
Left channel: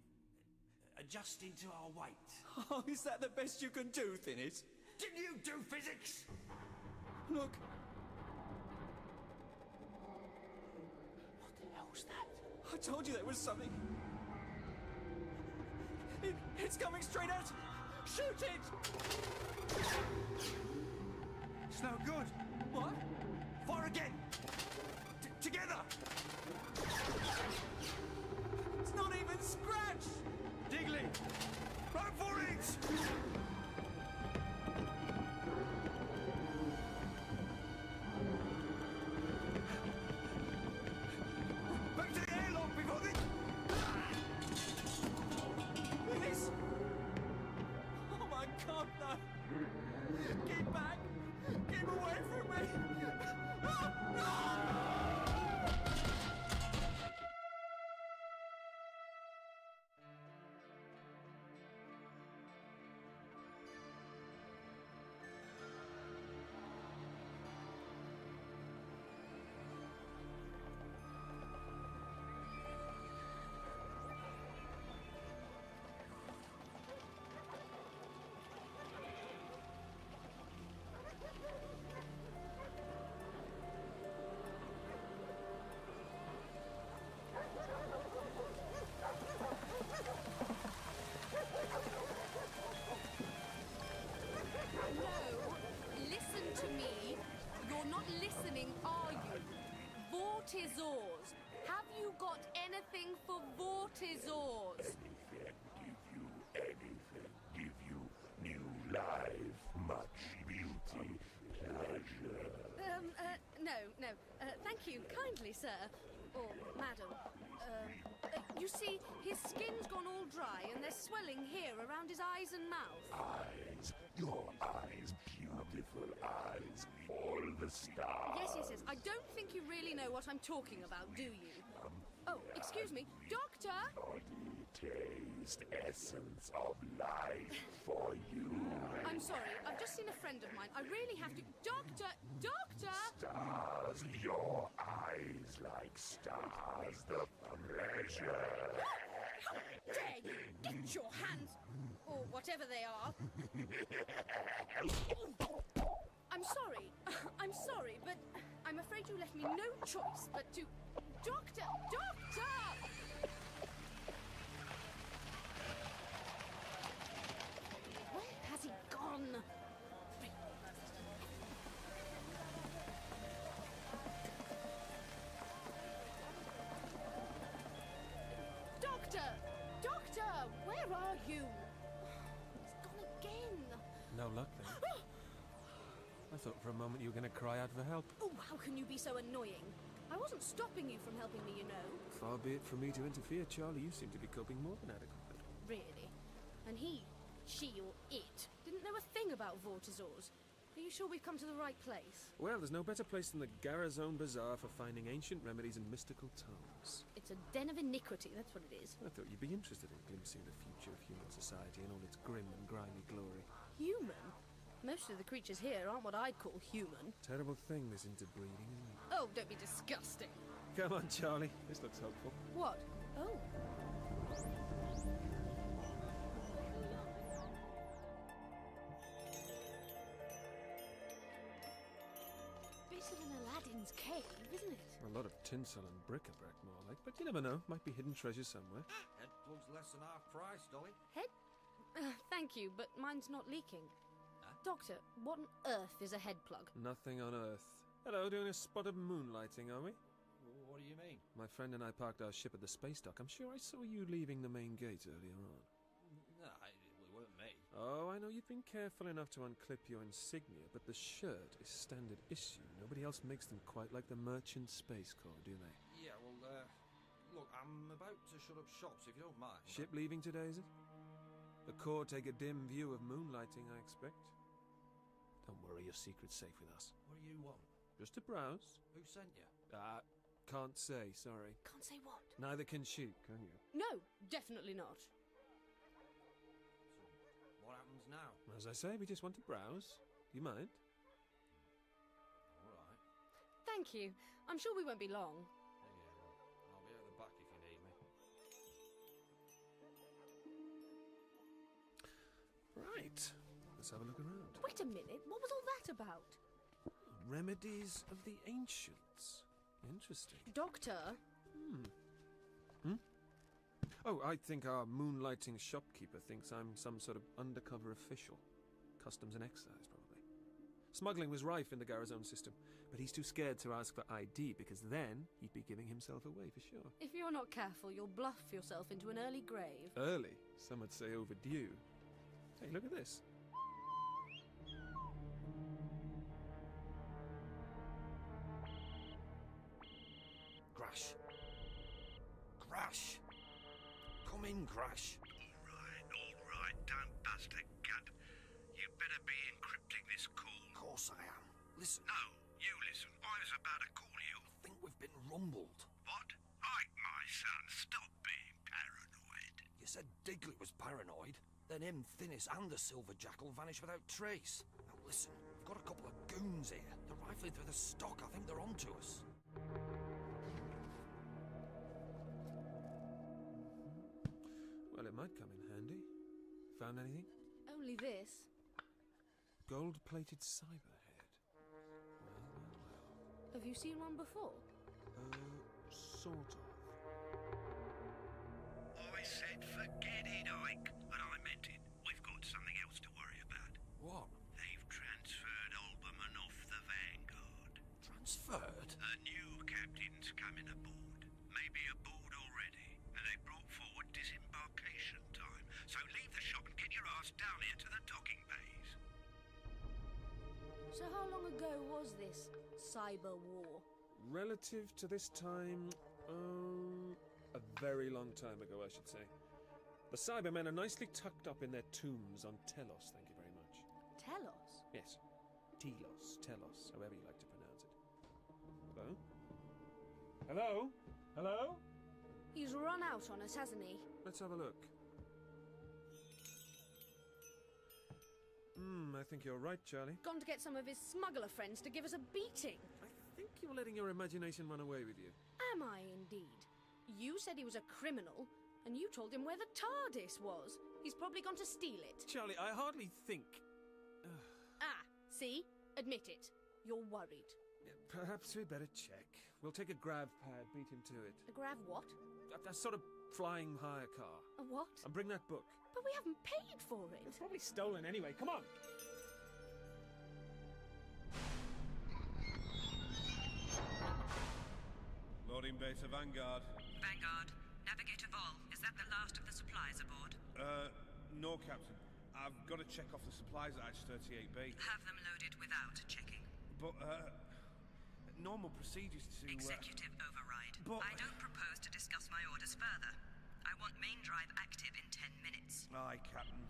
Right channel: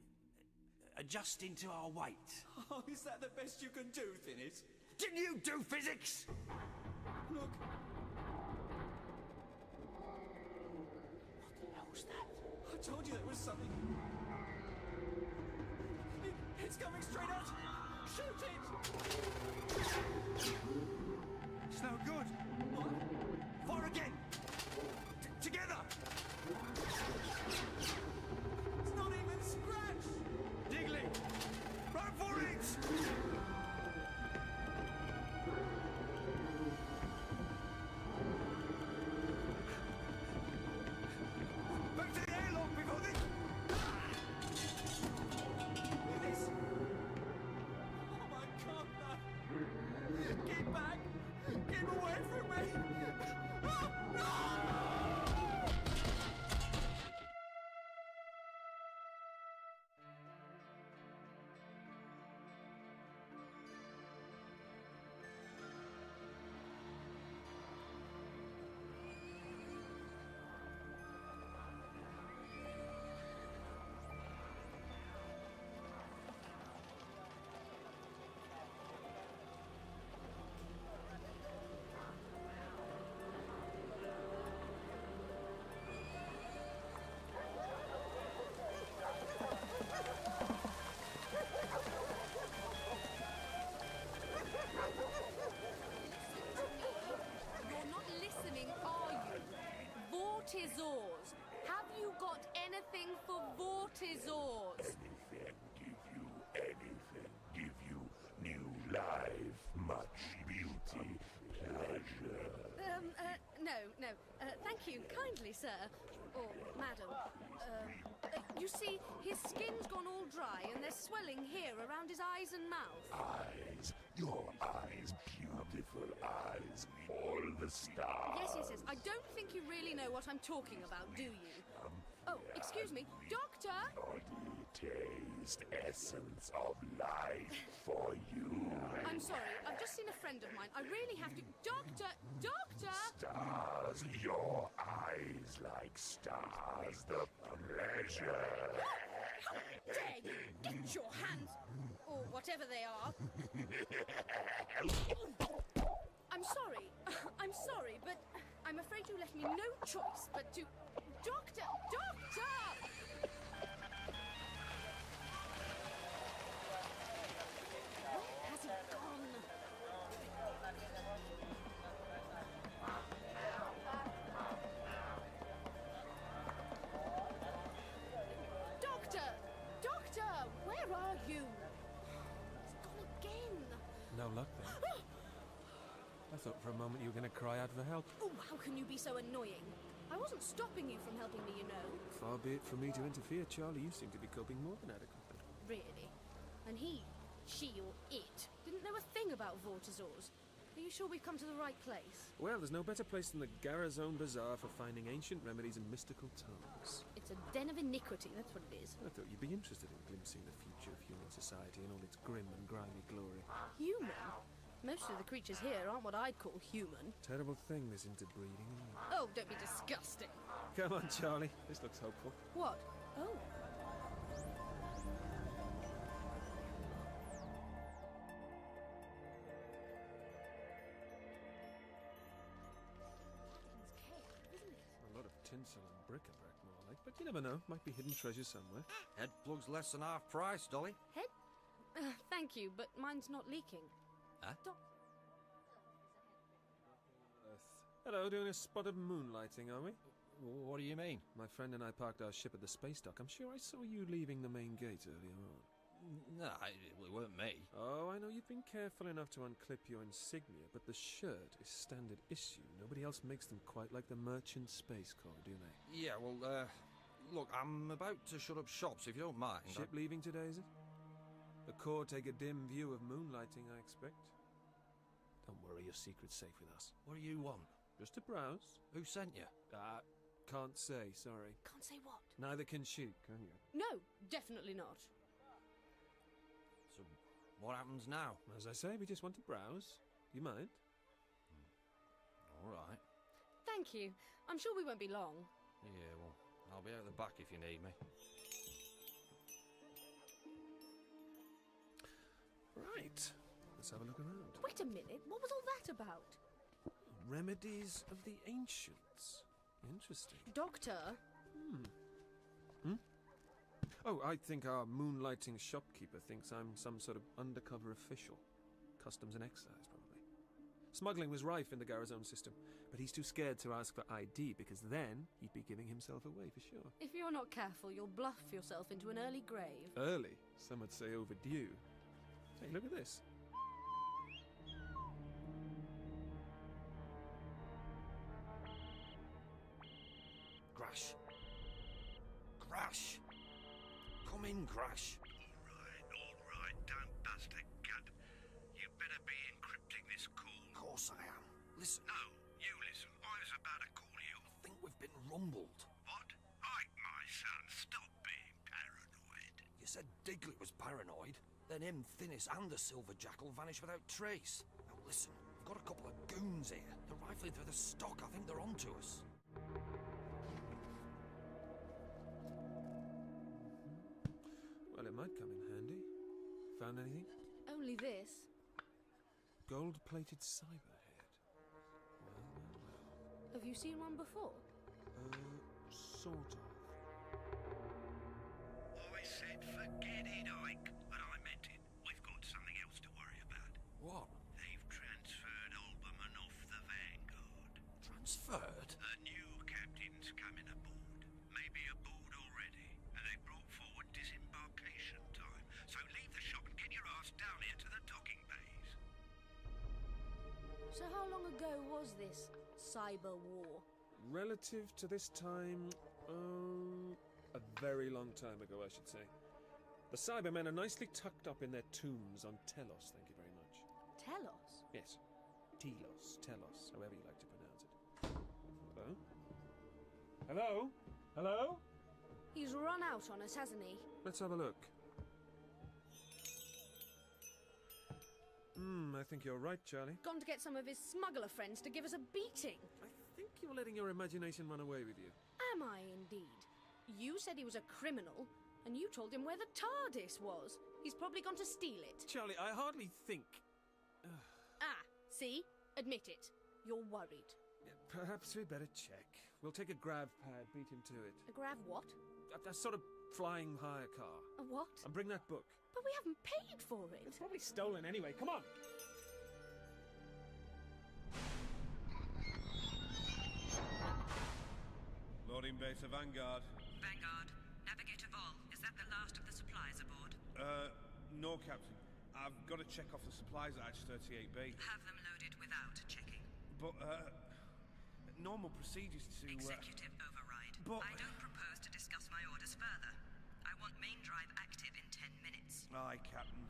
adjusting to our weight. Oh, is that the best you can do, Thinnis? Didn't you do physics? Look. What the hell's that? I told you there was something. It's coming straight at. Shoot it! It's no good. What? Fire again. Together. It's not even scratched. Diggly! Run for it! Back to the airlock before they... This... Oh my God, no! Get back! Get away from me! Oh, no! Vortizors. Have you got anything for Vortizors? Anything give you new life, much beauty, pleasure. No. Thank you kindly, sir. Or madam. You see, his skin's gone all dry and there's swelling here around his eyes and mouth. Eyes, your eyes, beautiful eyes, all the stars. Yes. I don't think you really know what I'm talking about, do you? Oh, excuse me. Doctor! Body, taste, essence of life for you. I'm sorry, I've just seen a friend of mine. I really have to... Doctor! Stars, your eyes like stars, the pleasure. How dare you! Get your hands... or whatever they are. I'm sorry, but I'm afraid you left me no choice but to... Doctor! Where has he gone? Doctor! Where are you? No luck then. I thought for a moment you were going to cry out for help. Oh, how can you be so annoying? I wasn't stopping you from helping me, you know. Far be it from me to interfere, Charlie. You seem to be coping more than adequately. Really? And he, she, or it didn't know a thing about Vortisaurs. Are you sure we've come to the right place? Well, there's no better place than the Garazone Bazaar for finding ancient remedies and mystical tomes. It's a den of iniquity, that's what it is. I thought you'd be interested in glimpsing the future of human society in all its grim and grimy glory. Human? Most of the creatures here aren't what I'd call human. Terrible thing, this interbreeding. Oh, don't be disgusting. Come on, Charlie. This looks hopeful. What? Oh. Bit of an Aladdin's cave, isn't it? A lot of tinsel and bric-a-brac, more like. But you never know. Might be hidden treasure somewhere. Head plug's less than half price, Dolly. Head? Thank you, but mine's not leaking. Huh? Doctor, what on earth is a head plug? Nothing on Earth. Hello, doing a spot of moonlighting, are we? What do you mean? My friend and I parked our ship at the space dock. I'm sure I saw you leaving the main gate earlier on. No, it weren't me. Oh, I know you've been careful enough to unclip your insignia, but the shirt is standard issue. Nobody else makes them quite like the Merchant Space Corps, do they? Yeah, well, look, I'm about to shut up shop, so if you don't mind... Ship leaving today, is it? The Corps take a dim view of moonlighting, I expect. Don't worry, your secret's safe with us. What do you want? Just to browse. Who sent you? Can't say, sorry. Can't say what? Neither can she, can you? No, definitely not. So, what happens now? As I say, we just want to browse. You mind? All right. Thank you. I'm sure we won't be long. Yeah, well, I'll be out the back if you need me. Right. Let's have a look around. Wait a minute, what was all that about? Remedies of the ancients. Interesting. Doctor? Oh, I think our moonlighting shopkeeper thinks I'm some sort of undercover official. Customs and excise, probably. Smuggling was rife in the Garazone system, but he's too scared to ask for ID because then he'd be giving himself away for sure. If you're not careful, you'll bluff yourself into an early grave. Early? Some would say overdue. Hey, look at this. Crash. Crash. Come in, Crash. All right, don't bust a gut. You better be encrypting this call. Of course I am. Listen. No, you listen. I was about to call you. I think we've been rumbled. What? Ike, my son, stop being paranoid. You said Diglett was paranoid. Then him, Thinness, and the Silver Jackal vanished without trace. Now listen, we've got a couple of goons here. They're rifling through the stock. I think they're onto us. Well, it might come in handy. Found anything? Only this. Gold-plated cyber head. Well. Have you seen one before? Sort of. I said forget it, Ike. And I meant it. We've got something else to worry about. What? They've transferred Alberman off the Vanguard. Transferred? A new captain's coming aboard. Maybe aboard already. And they brought forward disembarkation time. So leave the shop and get your ass down here to the docking bays. So how long ago was this cyber war? Relative to this time, a very long time ago, I should say. The Cybermen are nicely tucked up in their tombs on Telos, thank you very much. Telos? Yes. Telos, however you like to pronounce it. Hello? Hello? Hello? He's run out on us, hasn't he? Let's have a look. I think you're right, Charlie. Gone to get some of his smuggler friends to give us a beating. I think you're letting your imagination run away with you. Am I indeed? You said he was a criminal, and you told him where the TARDIS was. He's probably gone to steal it. Charlie, I hardly think... See? Admit it. You're worried. Perhaps we better check. We'll take a grav pad, beat him to it. A grav what? A sort of flying hire car. A what? And bring that book. But we haven't paid for it. It's probably stolen anyway. Come on! Loading bay to Vanguard. Vanguard, Navigator Vol, is that the last of the supplies aboard? No, Captain. I've got to check off the supplies at Hatch 38B. Have them loaded without checking. But, normal procedures to... Executive override. But... I don't propose to discuss my orders further. I want main drive active in 10 minutes. Aye, Captain.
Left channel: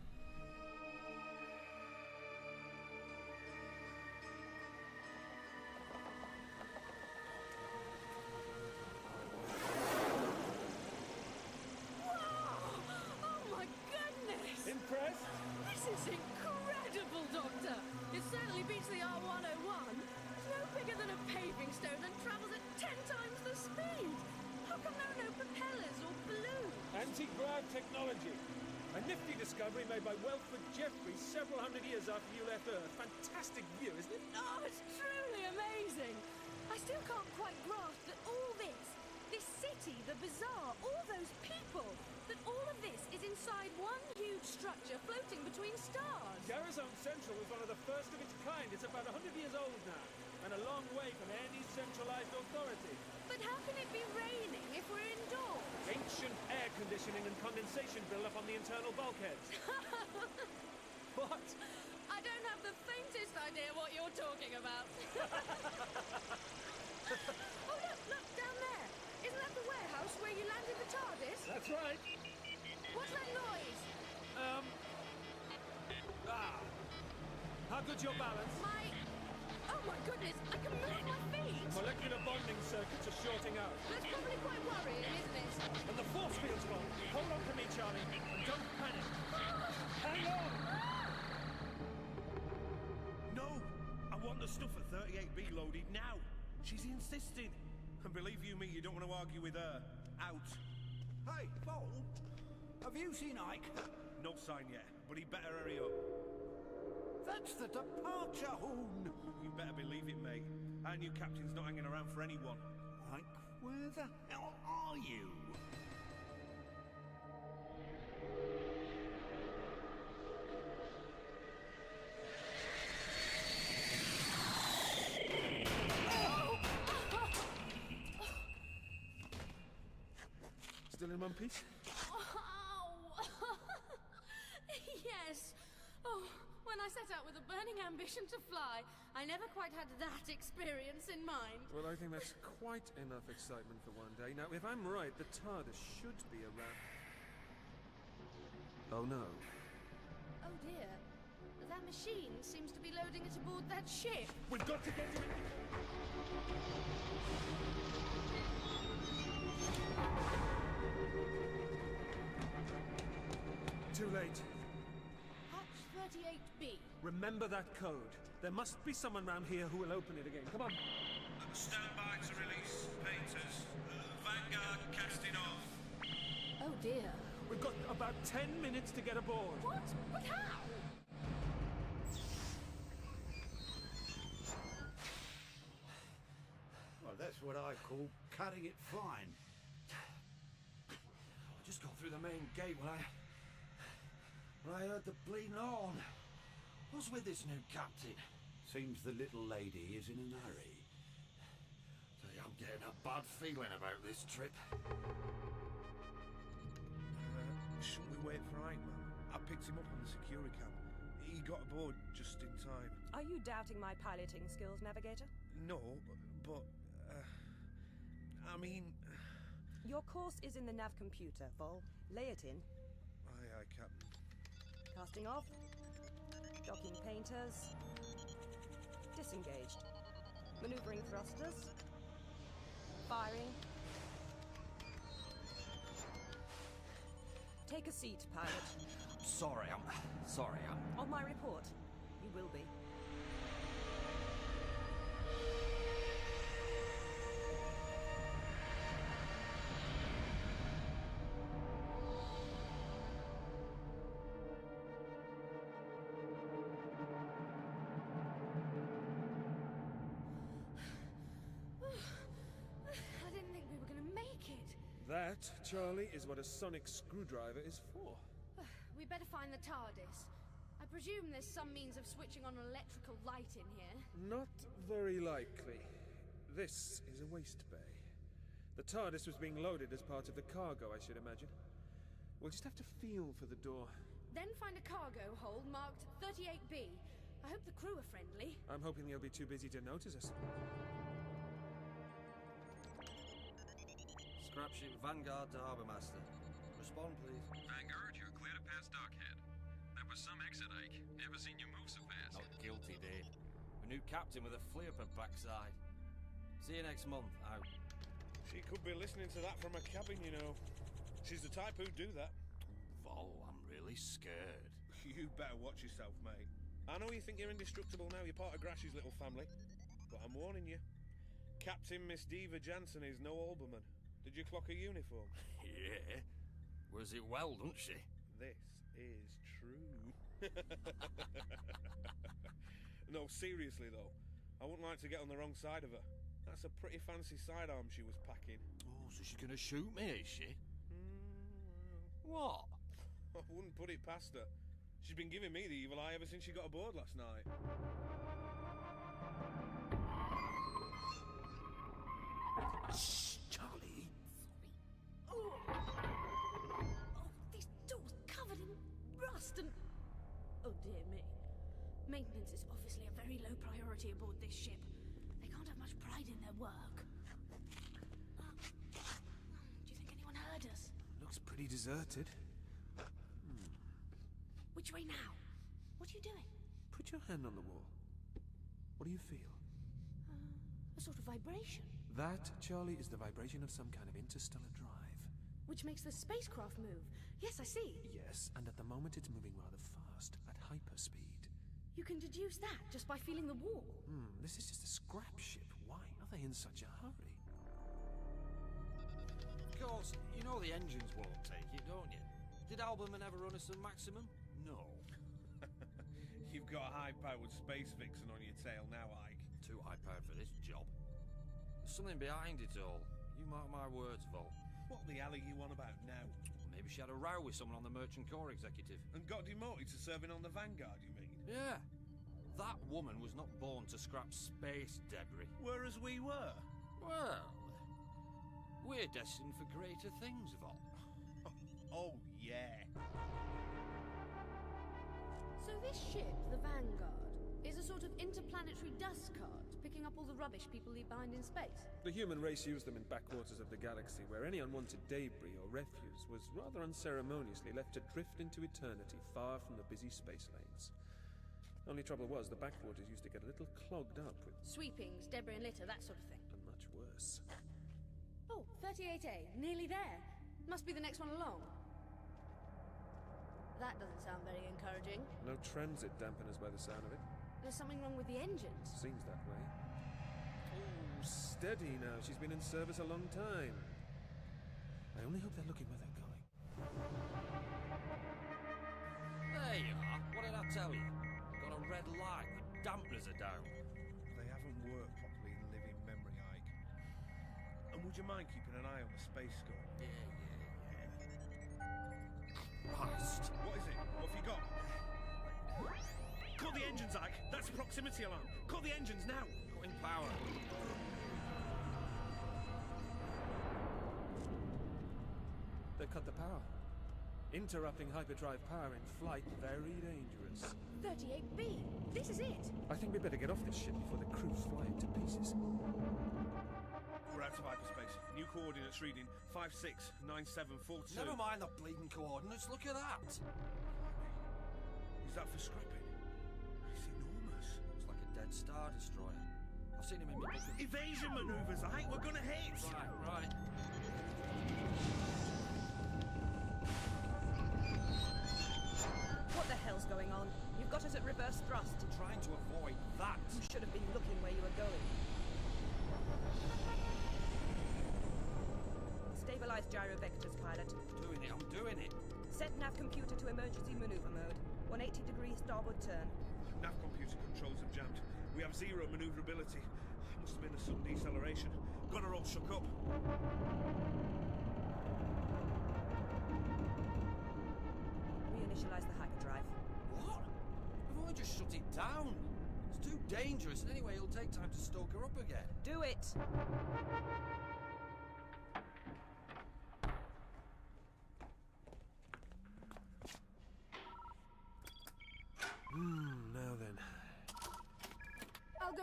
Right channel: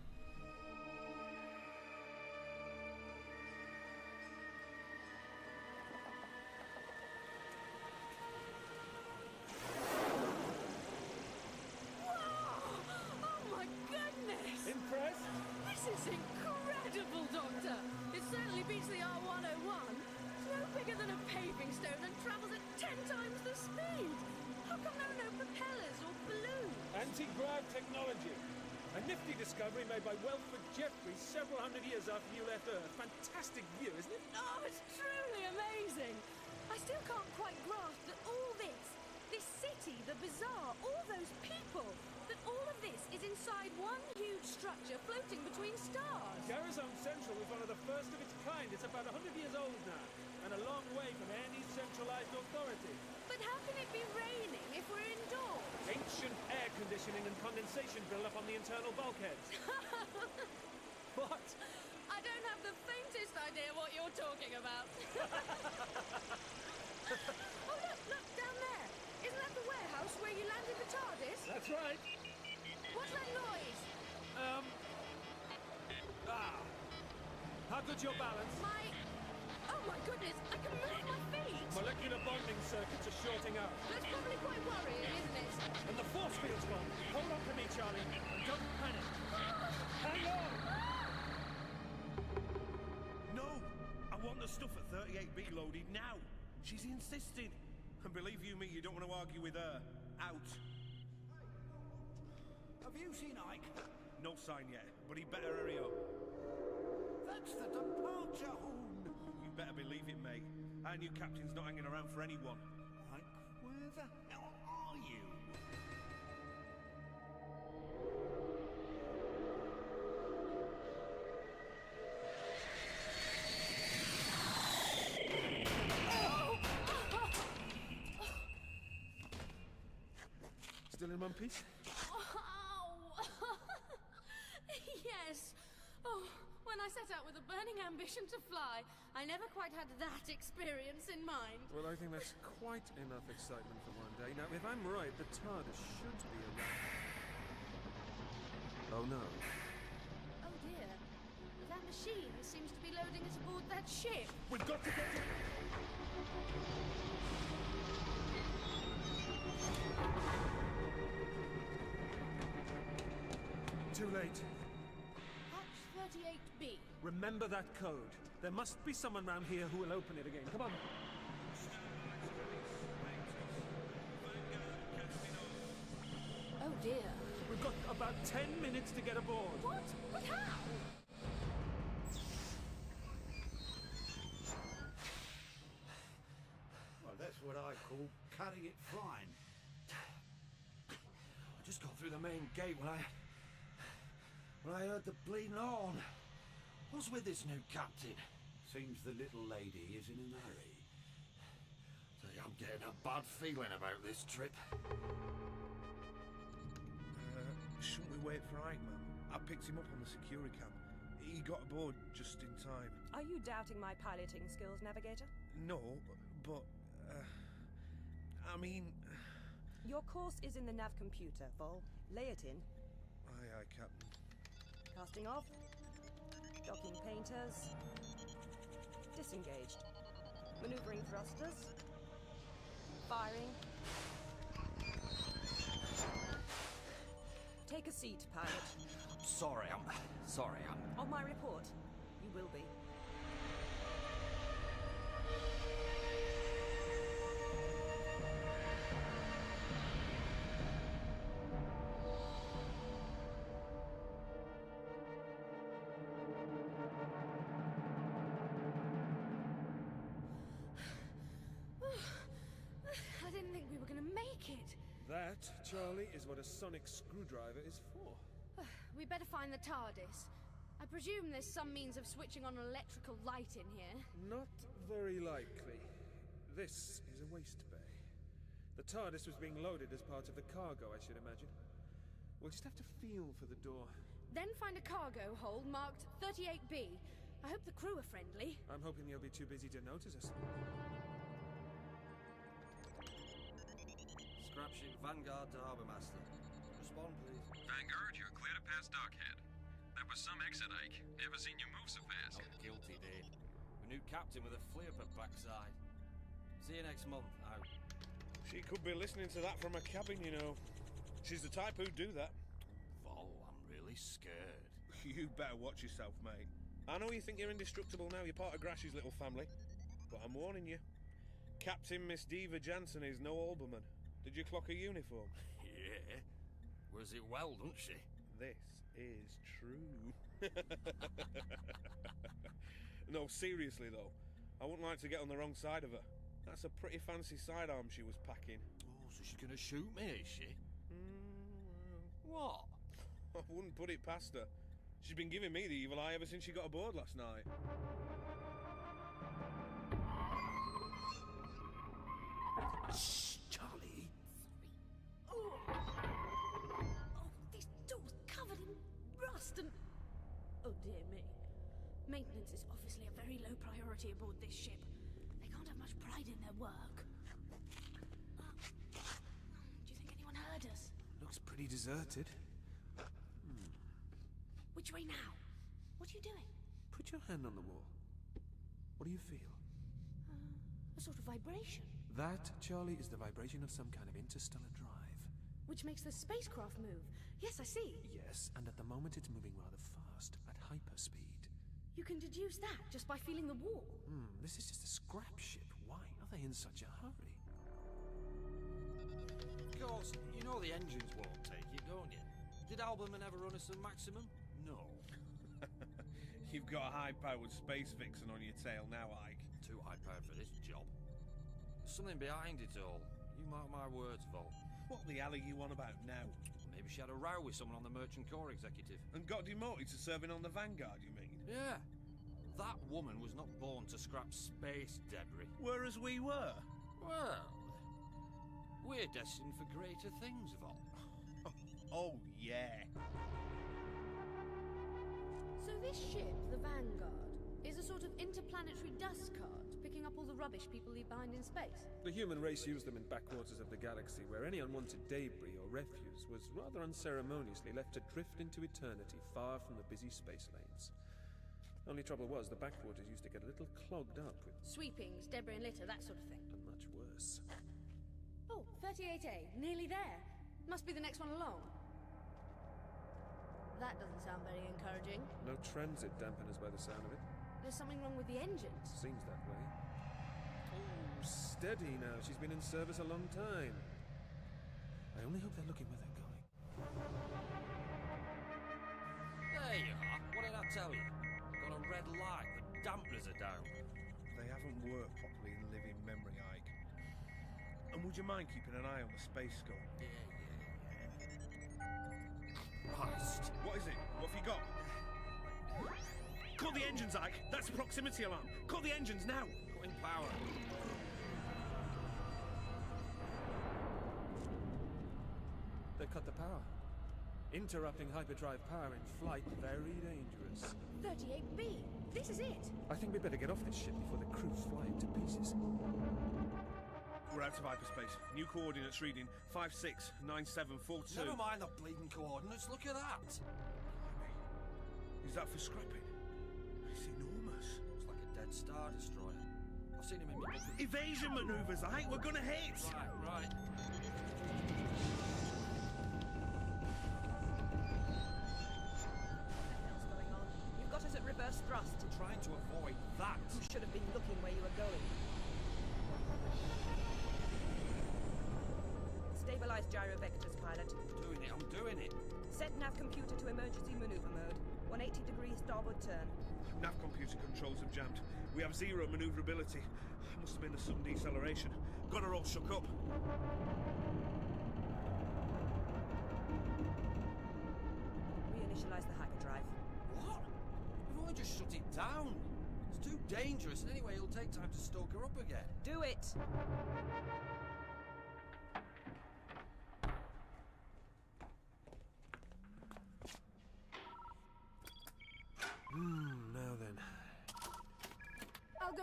Impressed? This is incredible, Doctor! It certainly beats the R101. It's no bigger than a paving stone and travels at 10 times the speed. How come there are no propellers or balloons? Anti-grav technology. A nifty discovery made by Welford Jeffreys several hundred years after you left Earth. Fantastic view, isn't it? Oh, it's truly amazing. I still can't quite grasp that all this city, the bazaar, all those people, that all of this is inside one huge structure floating between stars. Garrison Central was one of the first of its kind. It's about 100 years old now, and a long way from any centralized authority. But how can it be raining if we're indoors? Ancient air conditioning and condensation build-up on the internal bulkheads. What? I don't have the faintest idea what you're talking about. Oh, look, down there. Isn't that the warehouse where you landed the TARDIS? That's right. What's that noise? How good's your balance? Oh my goodness, I can move my feet! Molecular bonding circuits are shorting out. That's probably quite worrying, isn't it? And the force field's gone. Hold on to me, Charlie, and don't panic. Hang on! No! I want the stuff at 38B loaded now. She's insisting. And believe you me, you don't want to argue with her. Out. Hey, Bolt! Have you seen Ike? No sign yet, but he better hurry up. That's the departure horn! You better believe it, mate. Our new captain's not hanging around for anyone. Ike, where the hell are you? Still in one piece? Ow! Yes. Oh, when I set out with a burning ambition to fly, I never quite had that experience in mind. Well, I think that's quite enough excitement for one day. Now, if I'm right, the TARDIS should be around... Oh, no. Oh, dear. That machine seems to be loading it aboard that ship. We've got to get to it! Too late. Hatch 38B. Remember that code. There must be someone round here who will open it again. Come on. Stand by to release painters. Vanguard casting off. Oh dear. We've got about 10 minutes to get aboard. What? But how? Well, that's what I call cutting it fine. I just got through the main gate when I heard the bleeding horn. What's with this new captain? Seems the little lady is in a hurry. I'm getting a bad feeling about this trip. Shouldn't we wait for Ike, man? I picked him up on the security cam. He got aboard just in time. Are you doubting my piloting skills, Navigator? No, but... I mean... Your course is in the nav computer, Vol. Lay it in. Aye, Captain. Casting off. Docking painters. Disengaged. Maneuvering thrusters. Firing. Take a seat, pilot. Sorry, I'm... On my report, you will be. I didn't think we were going to make it. That, Charlie, is what a sonic screwdriver is for. We better find the TARDIS. I presume there's some means of switching on an electrical light in here. Not very likely. This is a waste bay. The TARDIS was being loaded as part of the cargo, I should imagine. We'll just have to feel for the door. Then find a cargo hold marked 38B. I hope the crew are friendly. I'm hoping they'll be too busy to notice us. Scrapship Vanguard to Harbour Master. Respond, please. Vanguard, you're clear to pass Dockhead. That was some exit, Ike. Never seen you move so fast. Not guilty, Dave. A new captain with a flea up her backside. See you next month. Out. She could be listening to that from a cabin, you know. She's the type who'd do that. Vol, I'm really scared. You better watch yourself, mate. I know you think you're indestructible now, you're part of Grash's little family. But I'm warning you. Captain Miss Diva Jansen is no Alberman. Did you clock her uniform? Yeah. Was it well, don't she? This is true. No, seriously though. I wouldn't like to get on the wrong side of her. That's a pretty fancy sidearm she was packing. Oh, so she's gonna shoot me, is she? What? I wouldn't put it past her. She's been giving me the evil eye ever since she got aboard last night. Shh, Charlie. Oh, this door's covered in rust and... Oh dear me. Maintenance is obviously a very low priority aboard this ship. They can't have much pride in their work. Do you think anyone heard us? Looks pretty deserted. Which way now? What are you doing? Put your hand on the wall. What do you feel? A sort of vibration. That, Charlie, is the vibration of some kind of interstellar drive. Which makes the spacecraft move. Yes, I see. Yes, and at the moment it's moving rather fast, at hyperspeed. You can deduce that just by feeling the wall. This is just a scrap ship. Why are they in such a hurry? Of course, you know the engines won't take it, don't you? Did Alberman ever run us a maximum? No. You've got a high-powered space vixen on your tail now, Ike. Too high-powered for this job. There's something behind it all. You mark my words, Vol. What the hell are you on about now? Maybe she had a row with someone on the Merchant Corps executive. And got demoted to serving on the Vanguard, you mean? Yeah. That woman was not born to scrap space debris. Whereas we were. Well, we're destined for greater things, Vol. Oh, yeah. So this ship, the Vanguard, is a sort of interplanetary dust cart, picking up all the rubbish people leave behind in space. The human race used them in backwaters of the galaxy, where any unwanted debris or refuse was rather unceremoniously left to drift into eternity, far from the busy space lanes. Only trouble was, the backwaters used to get a little clogged up with... Sweepings, debris and litter, that sort of thing. And much worse. Oh, 38A, nearly there. Must be the next one along. That doesn't sound very encouraging. No transit dampeners by the sound of it. There's something wrong with the engines. Seems that way. Oh, steady now. She's been in service a long time. I only hope they're looking where they're going. There you are. What did I tell you? Got a red light. The dampeners are down. They haven't worked properly in living memory, Ike. And would you mind keeping an eye on the space score? Yeah. Christ. What is it? What have you got? Call the engines, Ike! That's a proximity alarm! Call the engines now! Cutting power. They've cut the power. Interrupting hyperdrive power in flight, very dangerous. 38B! This is it! I think we better get off this ship before the crew fly it to pieces. We're out of hyperspace. New coordinates reading 569742. Never mind the bleeding coordinates, look at that! Is that for scrapping? It's enormous. Looks like a dead Star Destroyer. I've seen him in my book of... Evasion maneuvers, Ike! We're gonna hit! Right. What the hell's going on? You've got us at reverse thrust. I'm trying to avoid that. You should have been looking where you were going. Stabilize gyro vectors, pilot. I'm doing it. Set nav computer to emergency maneuver mode. 180 degrees starboard turn. Nav computer controls have jammed. We have zero maneuverability. Must have been the sudden deceleration. Got her all shook up. Reinitialize the hyperdrive. What? We've only just shut it down. It's too dangerous, and anyway, it'll take time to stoke her up again. Do it!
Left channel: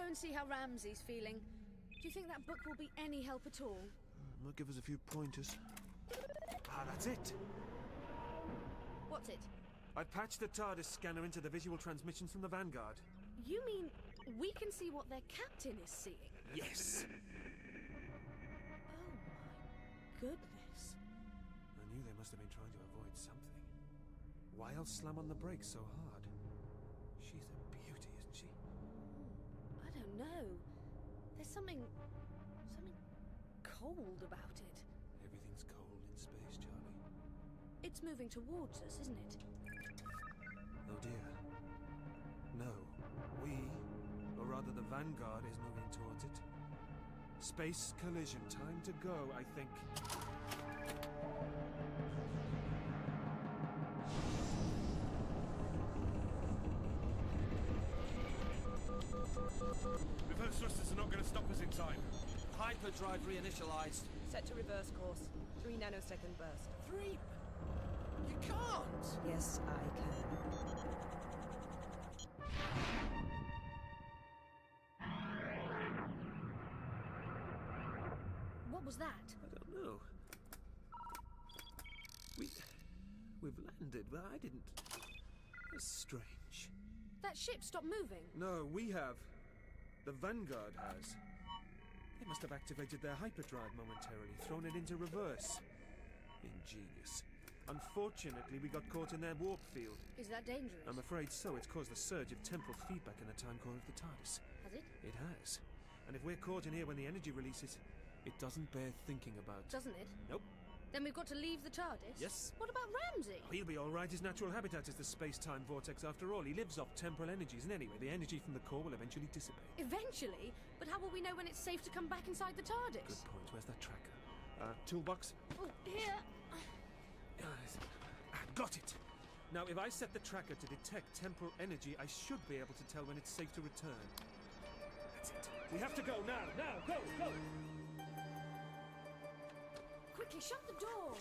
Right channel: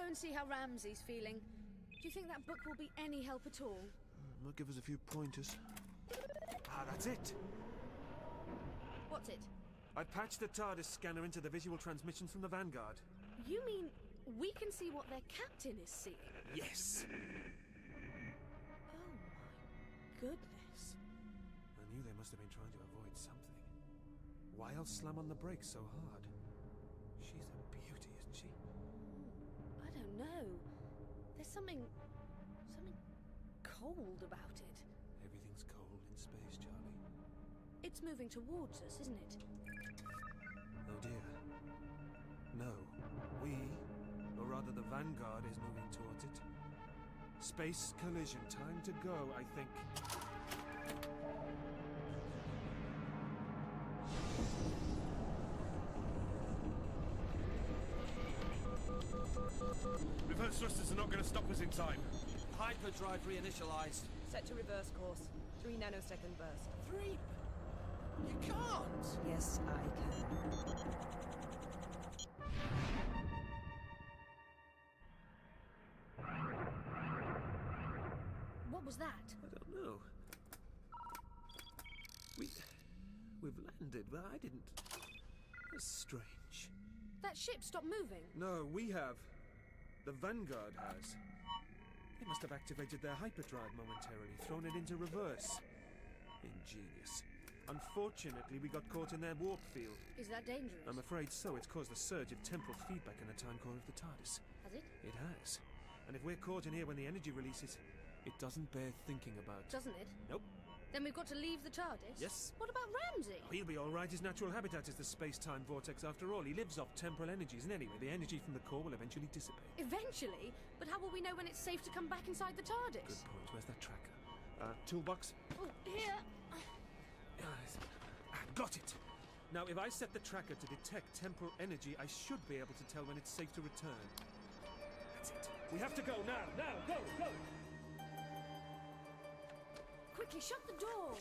and see how Ramsey's feeling. Do you think that book will be any help at all? Might give us a few pointers. Ah, that's it. What's it? I patched the TARDIS scanner into the visual transmissions from the Vanguard. You mean we can see what their captain is seeing? Yes! Oh my goodness. I knew they must have been trying to avoid something. Why else slam on the brakes so hard? She's a beauty, isn't she? I don't know. There's something cold about it. Everything's cold in space, Charlie. It's moving towards us, isn't it? Oh dear. No. We, or rather the Vanguard, is moving towards it. Space collision. Time to go, I think. Reverse thrusters are not going to stop us in time. Hyperdrive reinitialized. Set to reverse course. 3 nanosecond burst. 3? You can't! Yes, I can. What was that? I don't know. We've landed, but I didn't. That's strange. That ship stopped moving. No, we have. The Vanguard has. They must have activated their hyperdrive momentarily, thrown it into reverse. Ingenious. Unfortunately, we got caught in their warp field. Is that dangerous? I'm afraid so. It's caused a surge of temporal feedback in the time core of the TARDIS. Has it? It has. And if we're caught in here when the energy releases, it doesn't bear thinking about. Doesn't it? Nope. Then we've got to leave the TARDIS? Yes. What about Ramsey? He'll be all right. His natural habitat is the space-time vortex after all. He lives off temporal energies, and anyway, the energy from the core will eventually dissipate. Eventually? But how will we know when it's safe to come back inside the TARDIS? Good point. Where's that tracker? Toolbox? Oh, here. Got it! Now, if I set the tracker to detect temporal energy, I should be able to tell when it's safe to return. That's it. We have to go now! Now! Go! Go! Quickly, shut the door!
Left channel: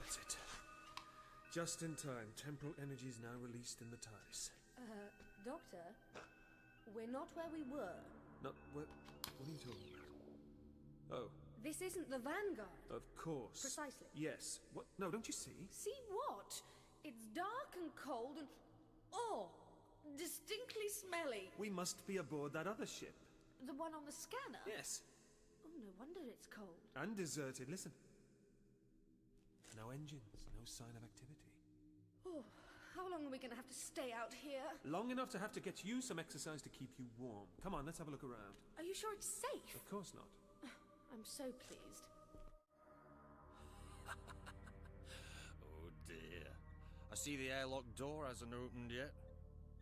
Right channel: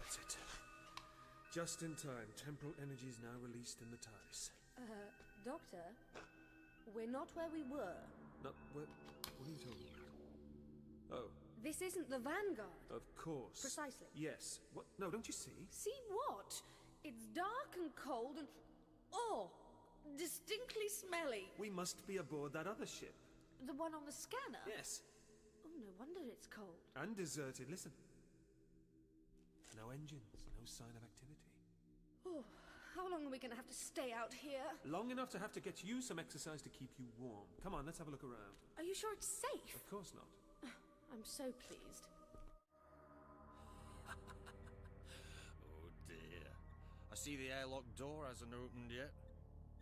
That's it. Just in time. Temporal energy is now released in the TARDIS. Doctor, we're not where we were. Not what are you talking about? Oh. This isn't the Vanguard. Of course. Precisely. Yes. What? No, don't you see? See what? It's dark and cold and... oh! Distinctly smelly. We must be aboard that other ship. The one on the scanner? Yes. Oh, no wonder it's cold. And deserted. Listen. No engines. No sign of activity. Oh, how long are we going to have to stay out here? Long enough to have to get you some exercise to keep you warm. Come on, let's have a look around. Are you sure it's safe? Of course not. I'm so pleased. Oh dear. I see the airlock door hasn't opened yet.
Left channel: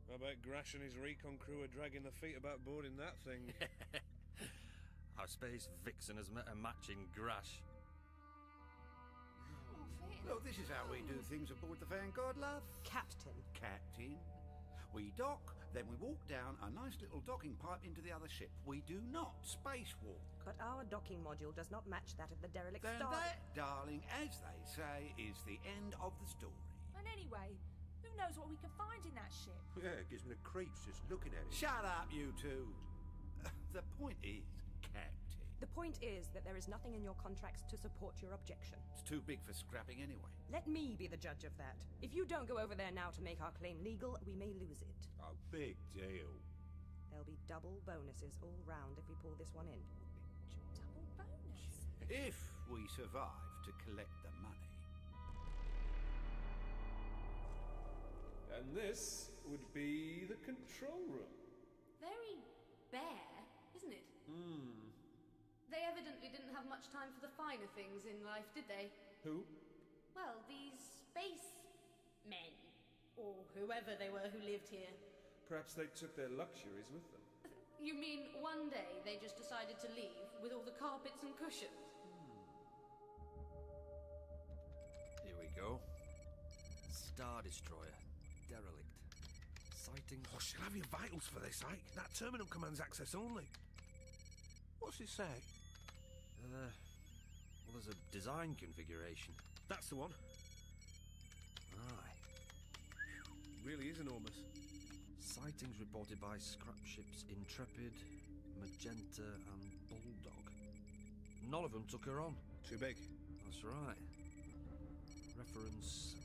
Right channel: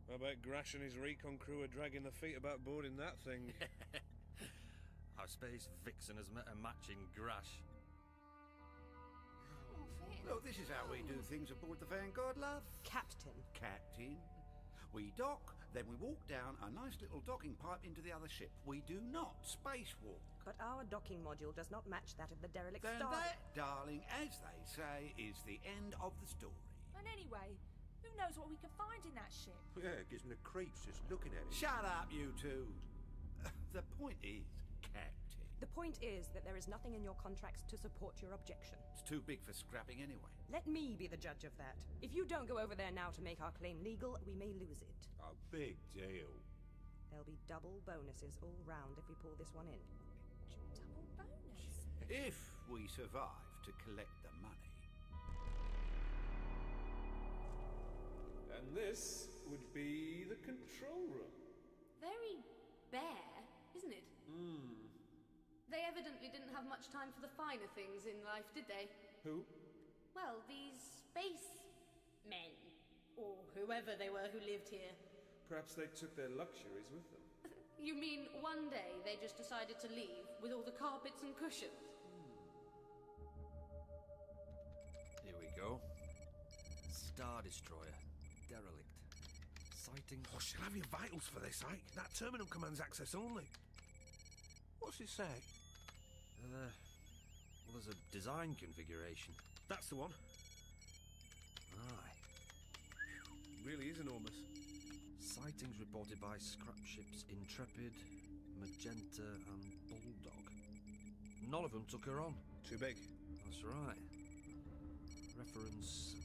I bet Grash and his recon crew are dragging their feet about boarding that thing. Our space vixen has met a matching Grash. So this is how we do things aboard the Vanguard, love. Captain. Captain. We dock, then we walk down a nice little docking pipe into the other ship. We do not spacewalk. But our docking module does not match that of the derelict Then star. that, darling, as they say, is the end of the story. And anyway, who knows what we can find in that ship? Yeah, it gives me the creeps just looking at it. Shut up, you two. The point is, Captain. The point is that there is nothing in your contracts to support your objection. It's too big for scrapping anyway. Let me be the judge of that. If you don't go over there now to make our claim legal, we may lose it. A big deal. There'll be double bonuses all round if we pull this one in. Double bonus? If we survive to collect the money. And this would be the control room. Very bare, isn't it? They evidently didn't have much time for the finer things in life, did they? Who? Well, these space men, or whoever they were who lived here. Perhaps they took their luxuries with them. You mean one day they just decided to leave with all the carpets and cushions? Here we go. Star Destroyer. Derelict. Sighting. Oh, she'll have your vitals for this, Ike. That terminal commands access only. What's it say? Well, there's a design configuration. That's the one. Aye. Really is enormous. sightings reported by scrap ships Intrepid, Magenta and Bulldog. None of them took her on. Too big. That's right. Reference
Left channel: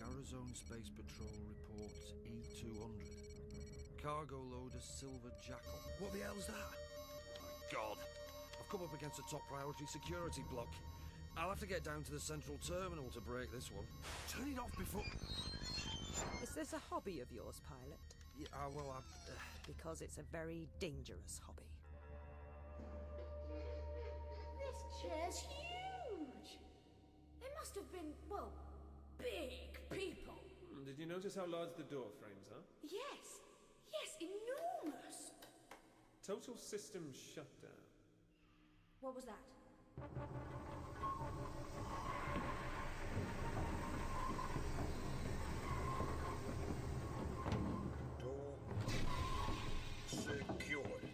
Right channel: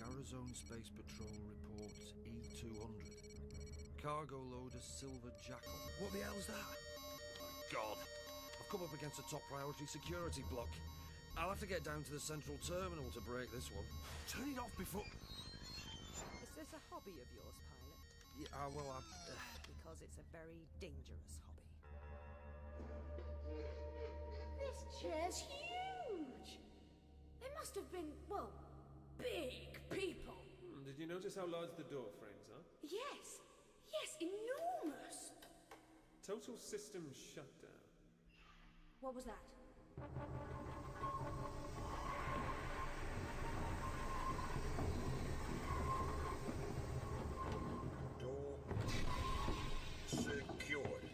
Garazone Space Patrol report E200. Cargo loader Silver Jackal. What the hell's that? God, I've come up against a top priority security block. I'll have to get down to the central terminal to break this one. Turn it off before... Is this a hobby of yours, pilot? Yeah, well, Because it's a very dangerous hobby. This chair's huge! They must have been, well, big people. Did you notice how large the door frames are? Yes, yes, enormous! Total system shutdown. What was that? Door secured.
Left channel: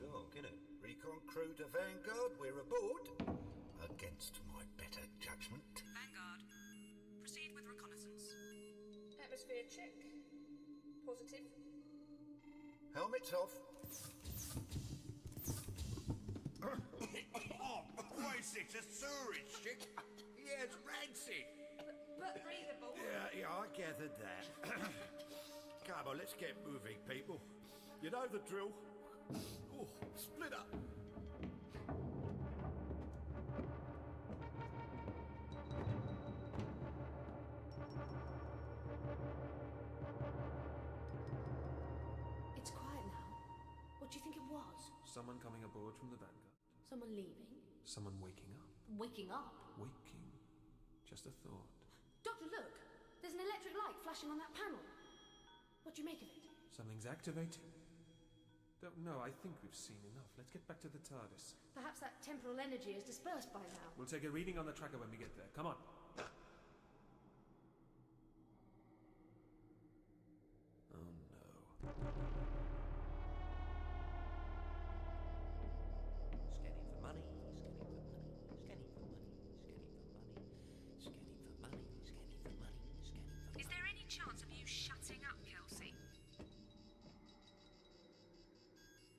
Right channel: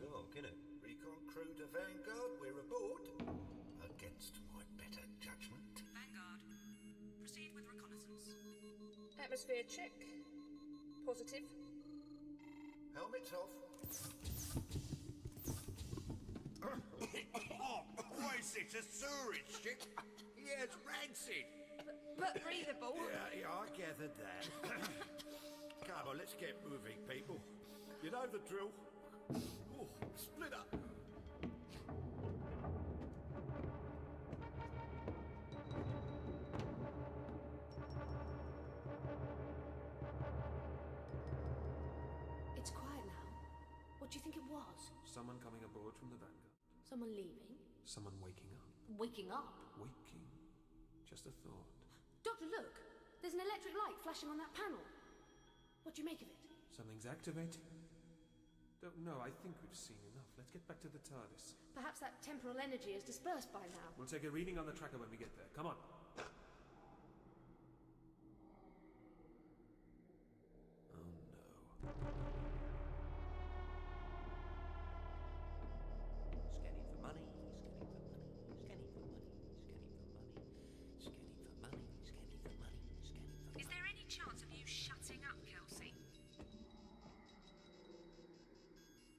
Dog, innit? Recon crew to Vanguard, we're aboard. Against my better judgment. Vanguard, proceed with reconnaissance. Atmosphere check. Positive. Helmets off. What is this, a sewerage ship? Yeah, it's rancid. But breathable. Yeah, I gathered that. Come on, let's get moving, people. You know the drill. Oh, split up. It's quiet now. What do you think it was? Someone coming aboard from the Vanguard. Someone leaving? Someone waking up. Waking up? Waking. Just a thought. Doctor, look! There's an electric light flashing on that panel. What do you make of it? Something's activating. Don't know, I think we've seen enough. Let's get back to the TARDIS. Perhaps that temporal energy is dispersed by now. We'll take a reading on the tracker when we get there. Come on. Oh no. Scanning for money, scanning for money, scanning for money, scanning for money, scanning for money, scanning for money, scanning for money. Is there any chance of you shutting up, Kelsey?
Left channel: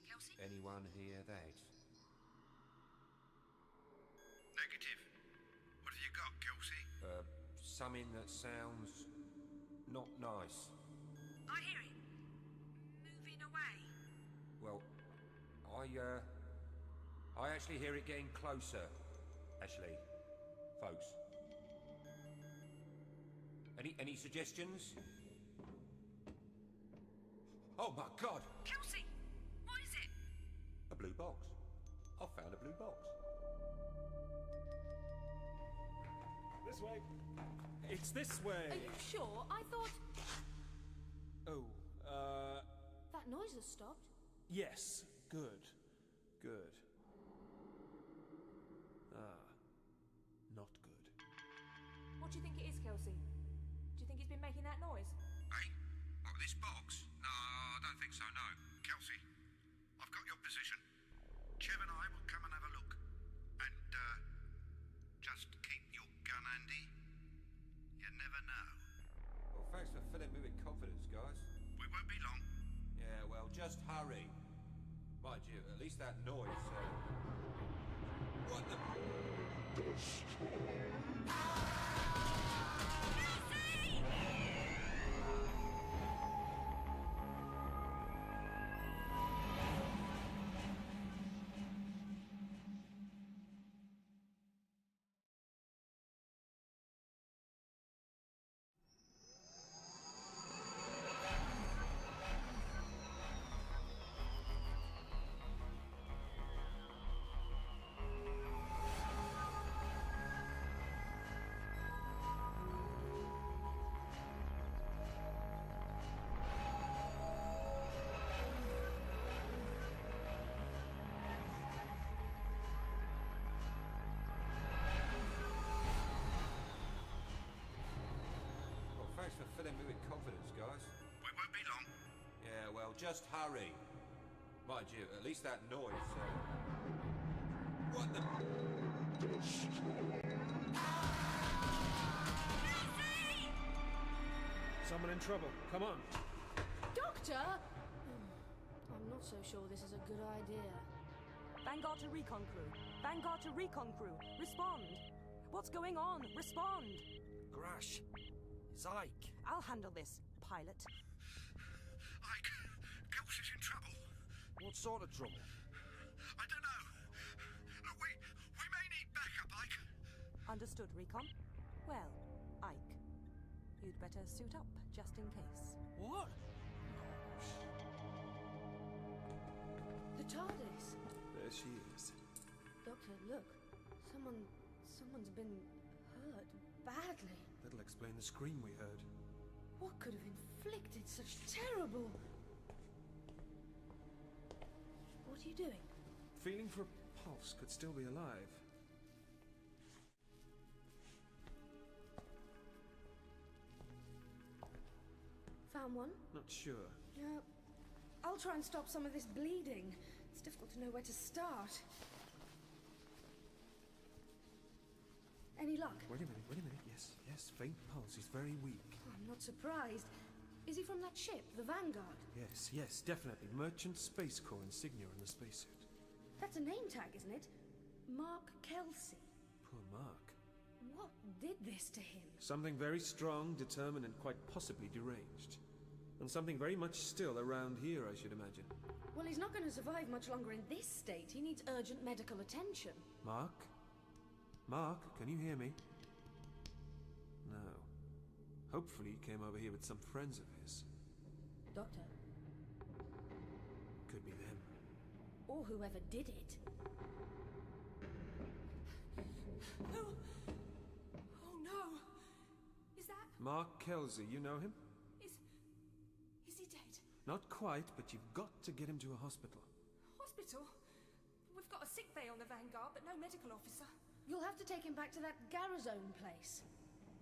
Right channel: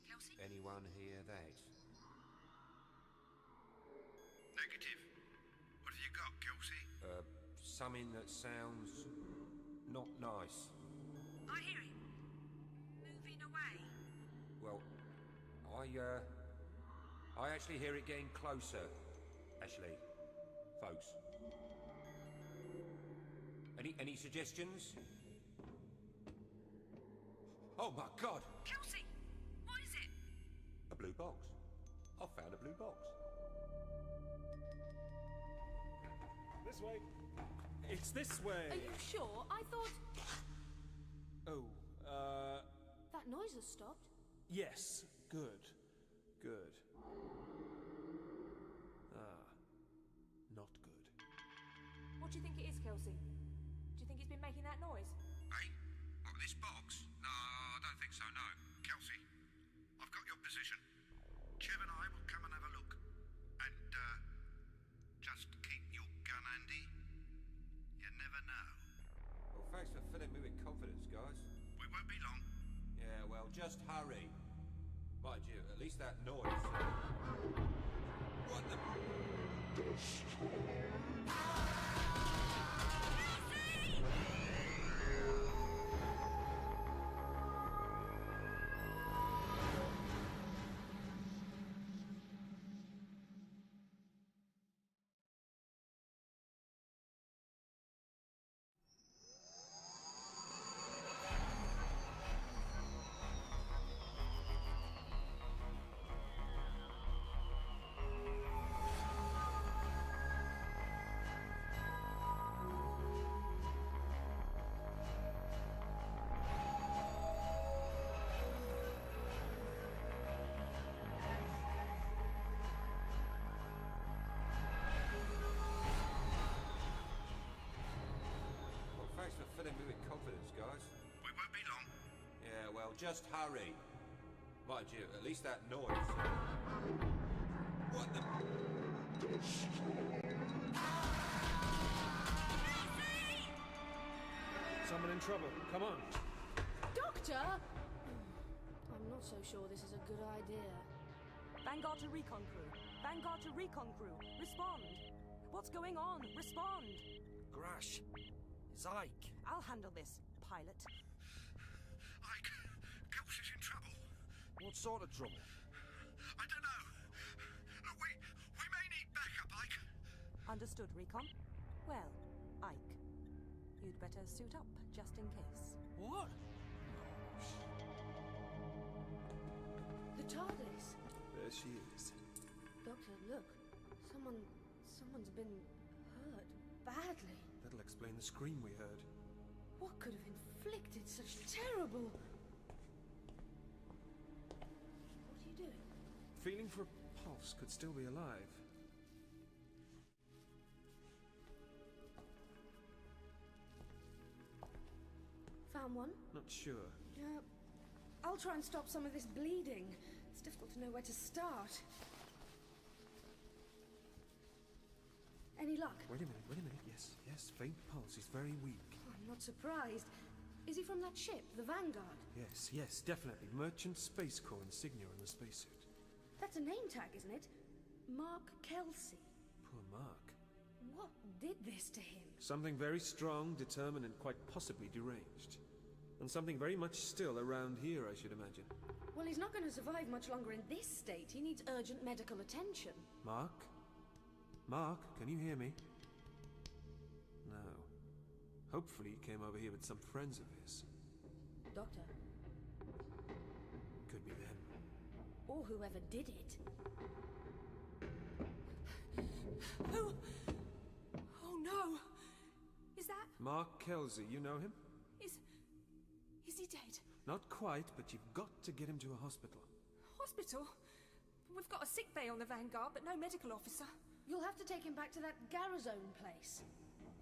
Kelsey? Anyone hear that? Negative. What have you got, Kelsey? Something that sounds not nice. I hear him. Moving away. Well, I actually hear it getting closer. Ashley, folks. Any suggestions? Oh my God! Kelsey! What is it? A blue box. I found a blue box. This way. It's this way. Are you sure? I thought... Oh, That noise has stopped. yes. Good. Good. Not good. What do you think it is, Kelsey? Do you think it's been making that noise? Hey, what, this box? No, I don't think so, no. Kelsey, I've got your position. Chev and I will come and have a look. And, just keep your gun handy. You never know. Well, thanks for filling me with confidence, guys. We won't be long. Yeah, well, just hurry. Mind you, at least that noise. What the? Thanks for filling me with confidence, guys. We won't be long. Yeah, well, just hurry. Mind you, at least that noise. What the? Someone in trouble. Come on. Doctor! Doctor! I'm not so sure this is a good idea. Vanguard to recon crew. Vanguard to recon crew. Respond. What's going on? Respond. Grash, it's Ike. I'll handle this, pilot. Ike, Kelsey's in trouble. What sort of trouble? I don't know. Look, we may need backup, Ike. Understood, recon. Well, Ike, you'd better suit up, just in case. What? The TARDIS! There she is. Doctor, look. Someone's been hurt badly. That'll explain the scream we heard. What could have inflicted such terrible... What are you doing? Feeling for a pulse could still be alive. Found one? Not sure. I'll try and stop some of this bleeding. It's difficult to know where to start. Any luck? Wait a minute. Yes, faint pulse. He's very weak. I'm not surprised. Is he from that ship, the Vanguard? Yes, definitely. Merchant Space Corps insignia on the spacesuit. That's a name tag, isn't it? Mark Kelsey. Poor Mark. What did this to him? Something very strong, determined, and quite possibly deranged. And something very much still around here, I should imagine. Well, he's not going to survive much longer in this state. He needs urgent medical attention. Mark? Mark, can you hear me? No. Hopefully he came over here with some friends of his. Doctor. Could be them. Or whoever did it. Who? Oh no! Is that... Mark Kelsey, you know him? Is he dead? Not quite, but you've got to get him to a hospital. Hospital? We've got a sick bay on the Vanguard, but no medical officer. You'll have to take him back to that Garazone place.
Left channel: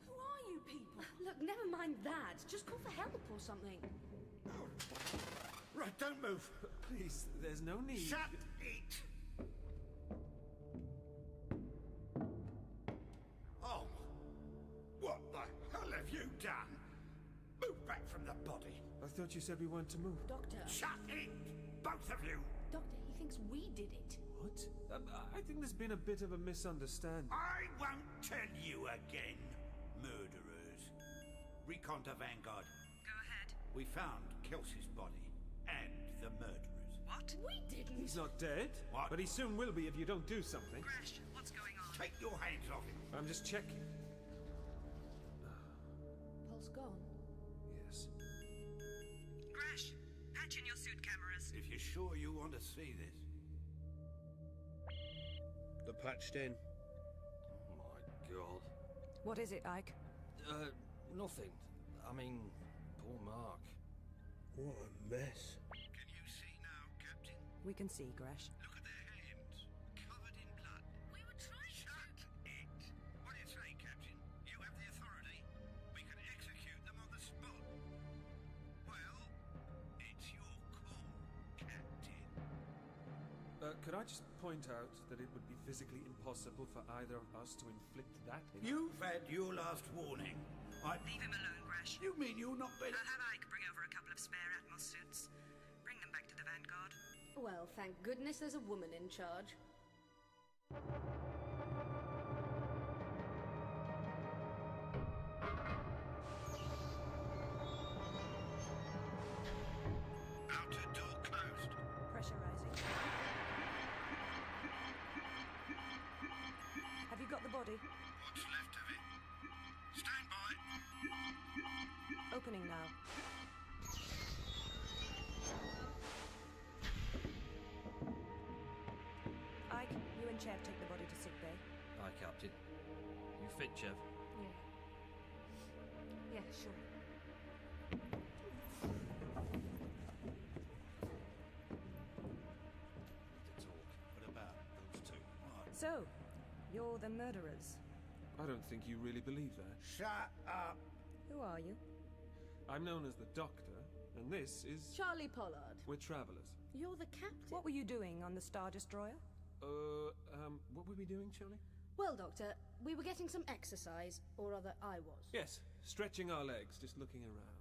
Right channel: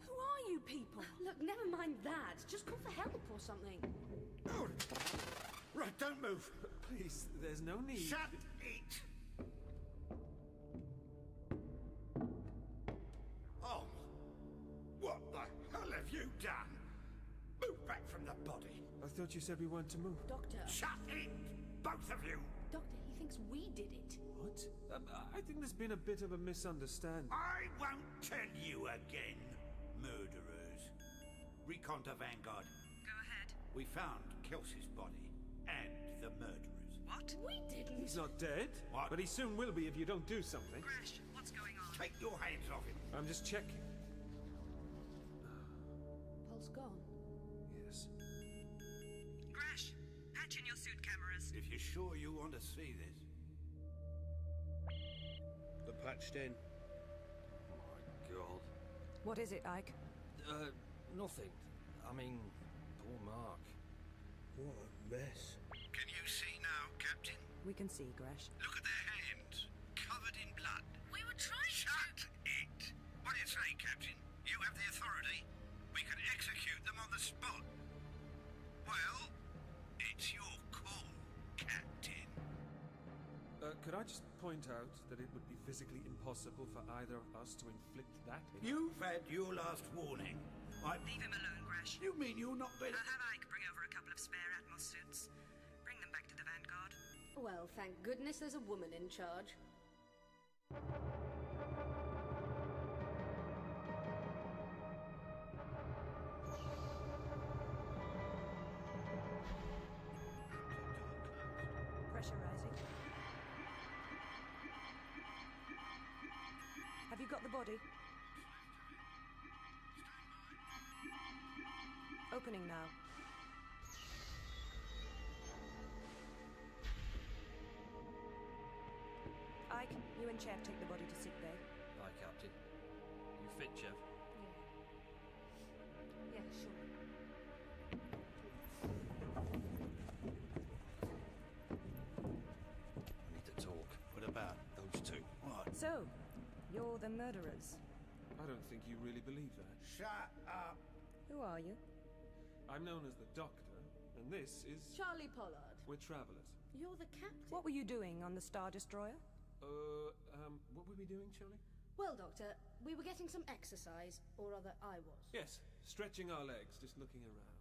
Who are you people? Look, never mind that. Just call for help or something. Oh. Right, don't move. Please, there's no need. Shut it! Oh. What the hell have you done? Move back from the body. I thought you said we weren't to move. Doctor. Shut it! Both of you! Doctor, he thinks we did it. What? I think there's been a bit of a misunderstanding. I won't tell you again, murderers. Recon to Vanguard. Go ahead. We found Kelsey's body and the murderers. What? We didn't. He's not dead. What? But he soon will be if you don't do something. Grash, what's going on? Take your hands off him. I'm just checking. Pulse gone. Yes. Grash, patch in your suit cameras. If you're sure you want to see this. They're patched in. Oh my god. What is it, Ike? Nothing. I mean, poor Mark. What a mess. Can you see now, Captain? We can see, Grash. Look at their hands, covered in blood. We were trying Shut it! What do you say, Captain? You have the authority. We can execute them on the spot. Well, it's your call, Captain. Could I just point out that it would be physically impossible for either of us to inflict that? You've had your last warning. Leave him alone, Grash. You mean you're not better? I'll have Ike bring over a couple of spare Atmos suits. Bring them back to the Vanguard. Well, thank goodness there's a woman in charge. Outer door closed. Pressurizing. Have you got the body? What's left of it? Stand by. Opening now. Ike, you and Chev take the body to sick bay. Aye, Captain. You fit, Chev? Yeah, sure. I need to talk. What about those two? What? So, you're the murderers. I don't think you really believe that. Shut up! Who are you? I'm known as the Doctor, and this is... Charlie Pollard. We're travelers. You're the captain. What were you doing on the Star Destroyer? What were we doing, Charlie? Well, Doctor, we were getting some exercise, or rather I was. Yes, stretching our legs, just looking around.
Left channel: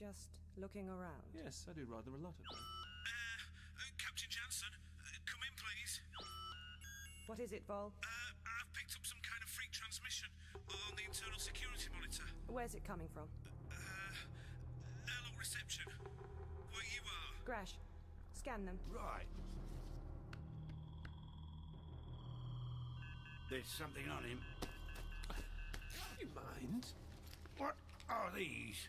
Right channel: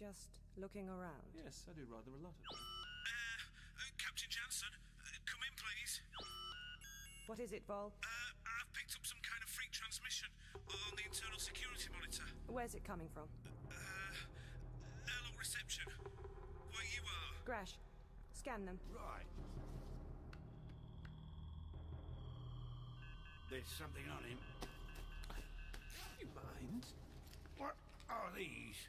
Just looking around. Yes, I do rather a lot of that. Captain Jansen, come in, please. What is it, Vol? I've picked up some kind of freak transmission on the internal security monitor. Where's it coming from? Airlock reception. Where you are. Grash, scan them. Right. There's something on him. You mind? What are these?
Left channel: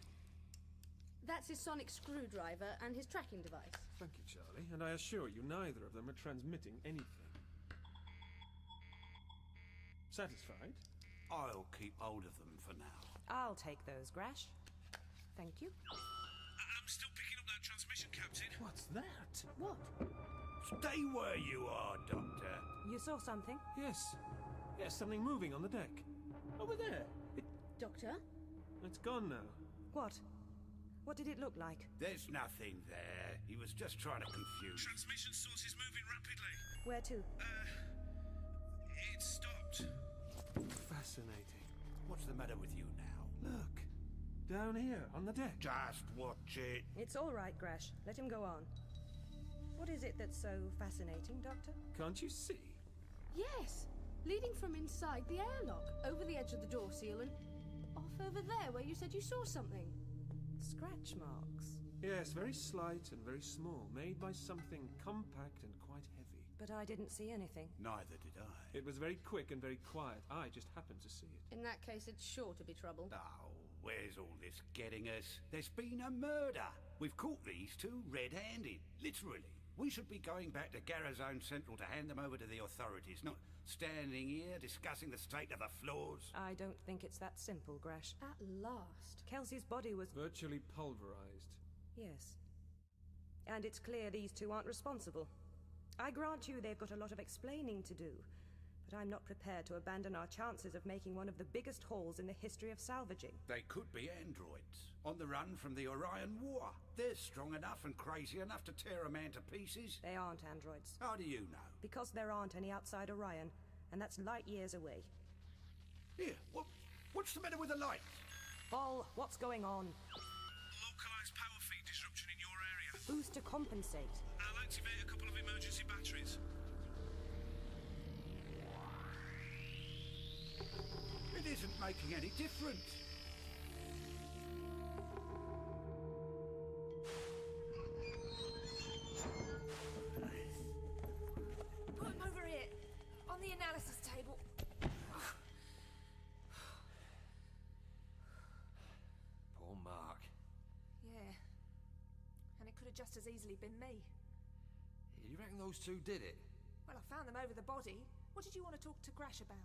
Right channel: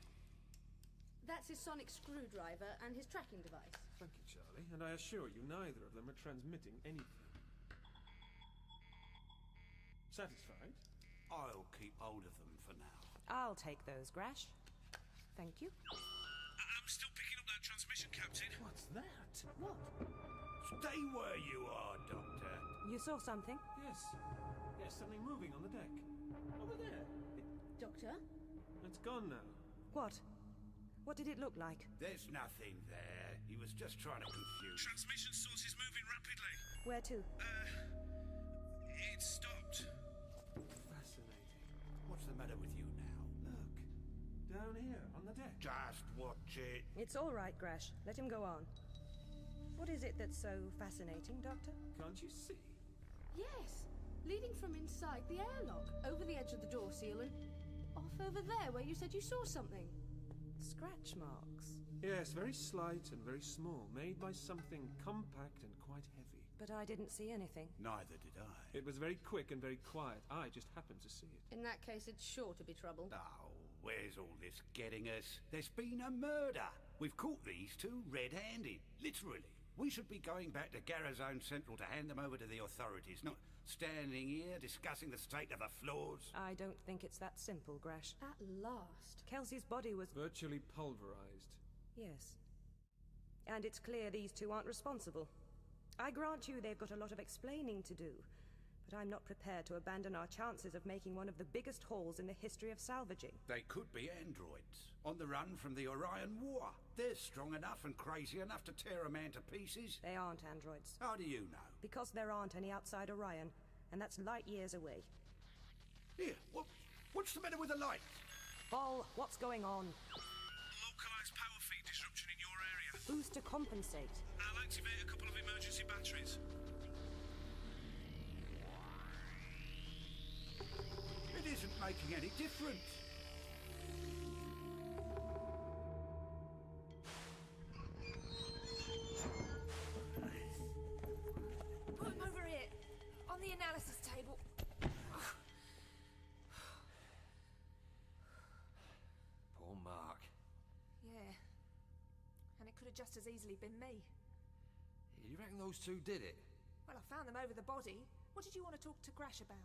That's his sonic screwdriver and his tracking device. Thank you, Charlie. And I assure you, neither of them are transmitting anything. Satisfied? I'll keep hold of them for now. I'll take those, Grash. Thank you. I'm still picking up that transmission, Captain. What's that? What? Stay where you are, Doctor. You saw something? Yes. Yes, something moving on the deck. Over there. Doctor? It's gone now. What? What did it look like? There's nothing there. He was just trying to confuse. Transmission source is moving rapidly. Where to? It stopped. Fascinating. What's the matter with you now? Look. Down here, on the deck. Just watch it. It's all right, Grash. Let him go on. What is it that's so fascinating, Doctor? Can't you see? Yes. Leading from inside the airlock, over the edge of the door seal and off over there where you said you saw something. Scratch marks. Yes, very slight and very small, made by something compact and quite heavy. But I didn't see anything. Neither did I. It was very quick and very quiet. I just happened to see it. In that case, it's sure to be trouble. Oh, where's all this getting us? There's been a murder. We've caught these two red-handed, literally. We should be going back to Garazone Central to hand them over to the authorities, not standing here discussing the state of the floors. I don't think it's that simple, Grash. At last. Kelsey's body was... virtually pulverized. Yes. And it's clear these two aren't responsible. I grant you they've got a lot of explaining to do, but I'm not prepared to abandon our chances of making one of the biggest hauls in the history of salvaging. They could be androids, on the run from the Orion War. They're strong enough and crazy enough to tear a man to pieces. They aren't androids. How do you know? Because there aren't any outside Orion, and that's light years away. Here, what's the matter with the lights? Vol, what's going on? Localized power feed disruption in your area. Who's to compensate? I'll activate a couple of emergency batteries. It isn't making any difference. Put him over here, on the analysis table. Poor Mark. Yeah. And it could have just as easily been me. You reckon those two did it? Well, I found them over the body. What did you want to talk to Grash about?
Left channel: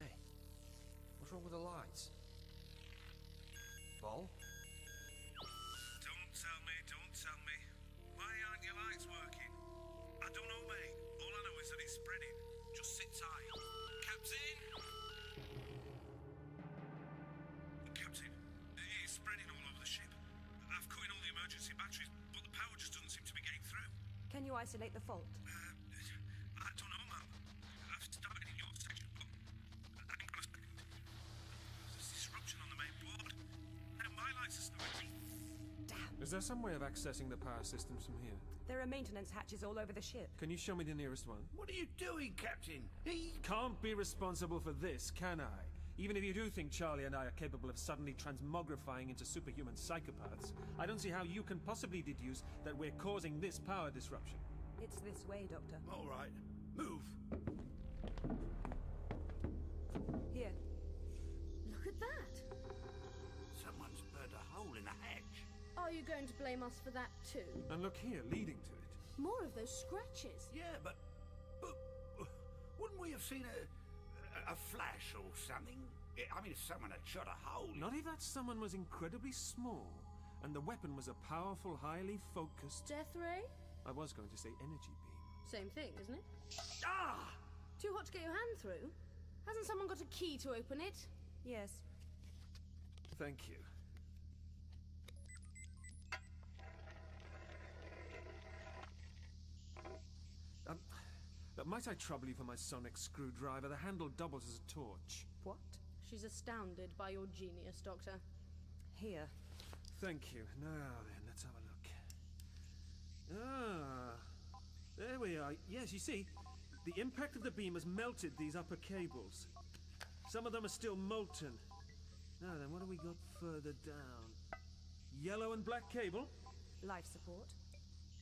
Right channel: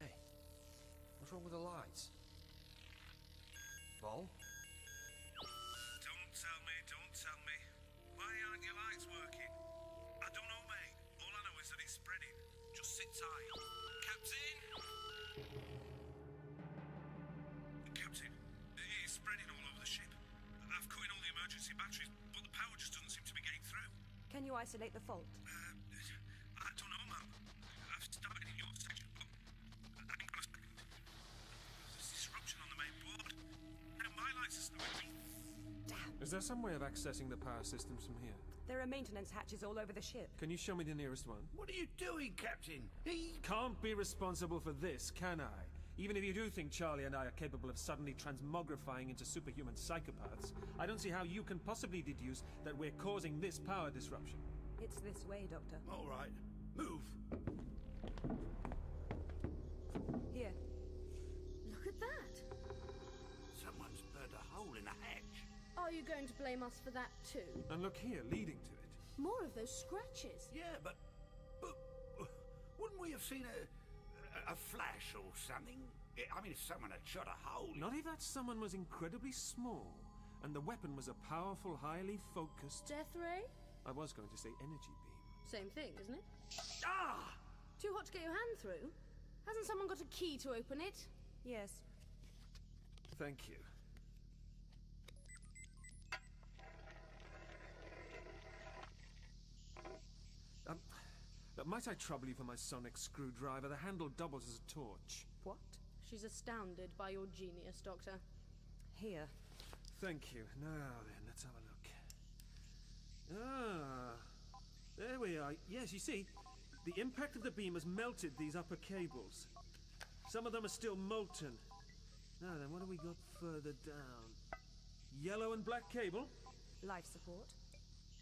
Hey. What's wrong with the lights? Vol? Don't tell me. Why aren't your lights working? I don't know, mate. All I know is that it's spreading. Just sit tight. Captain? Captain, it's spreading all over the ship. I've cut in all the emergency batteries, but the power just doesn't seem to be getting through. Can you isolate the fault? I don't know, ma'am. I've started in your section, but hang on a second. There's disruption on the main board. Now my lights are starting. Damn. Is there some way of accessing the power systems from here? There are maintenance hatches all over the ship. Can you show me the nearest one? What are you doing, Captain? He can't be responsible for this, can I? Even if you do think Charlie and I are capable of suddenly transmogrifying into superhuman psychopaths, I don't see how you can possibly deduce that we're causing this power disruption. It's this way, Doctor. All right. Move. Here. Look at that. Someone's burned a hole in the hatch. Are you going to blame us for that too? And look here, leading to it. More of those scratches. Yeah, but wouldn't we have seen a flash or something? I mean, if someone had shot a hole... Not if that someone was incredibly small, and the weapon was a powerful, highly focused... Death ray? I was going to say energy beam. Same thing, isn't it? Ah! Too hot to get your hand through? Hasn't someone got a key to open it? Yes. Thank you. Might I trouble you for my sonic screwdriver? The handle doubles as a torch. What? She's astounded by your genius, Doctor. Here. Thank you. Now then, let's have a look. Ah, there we are. Yes, you see, the impact of the beam has melted these upper cables. Some of them are still molten. Now then, what have we got further down? Yellow and black cable? Life support.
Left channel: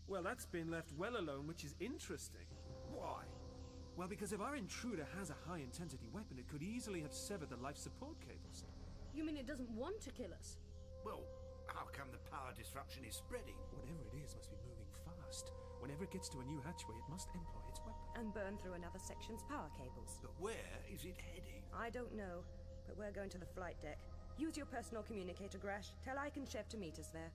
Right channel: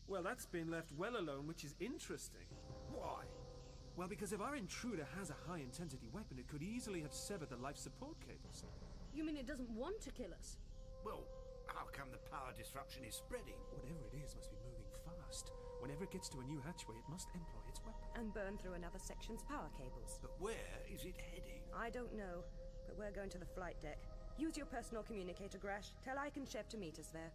Well, that's been left well alone, which is interesting. Why? Well, because if our intruder has a high-intensity weapon, it could easily have severed the life support cables. You mean it doesn't want to kill us? Well, how come the power disruption is spreading? Whatever it is must be moving fast. Whenever it gets to a new hatchway, it must employ its weapon. And burn through another section's power cables. But where is it heading? I don't know, but we're going to the flight deck. Use your personal communicator, Grash. Tell Ike and Chev to meet us there.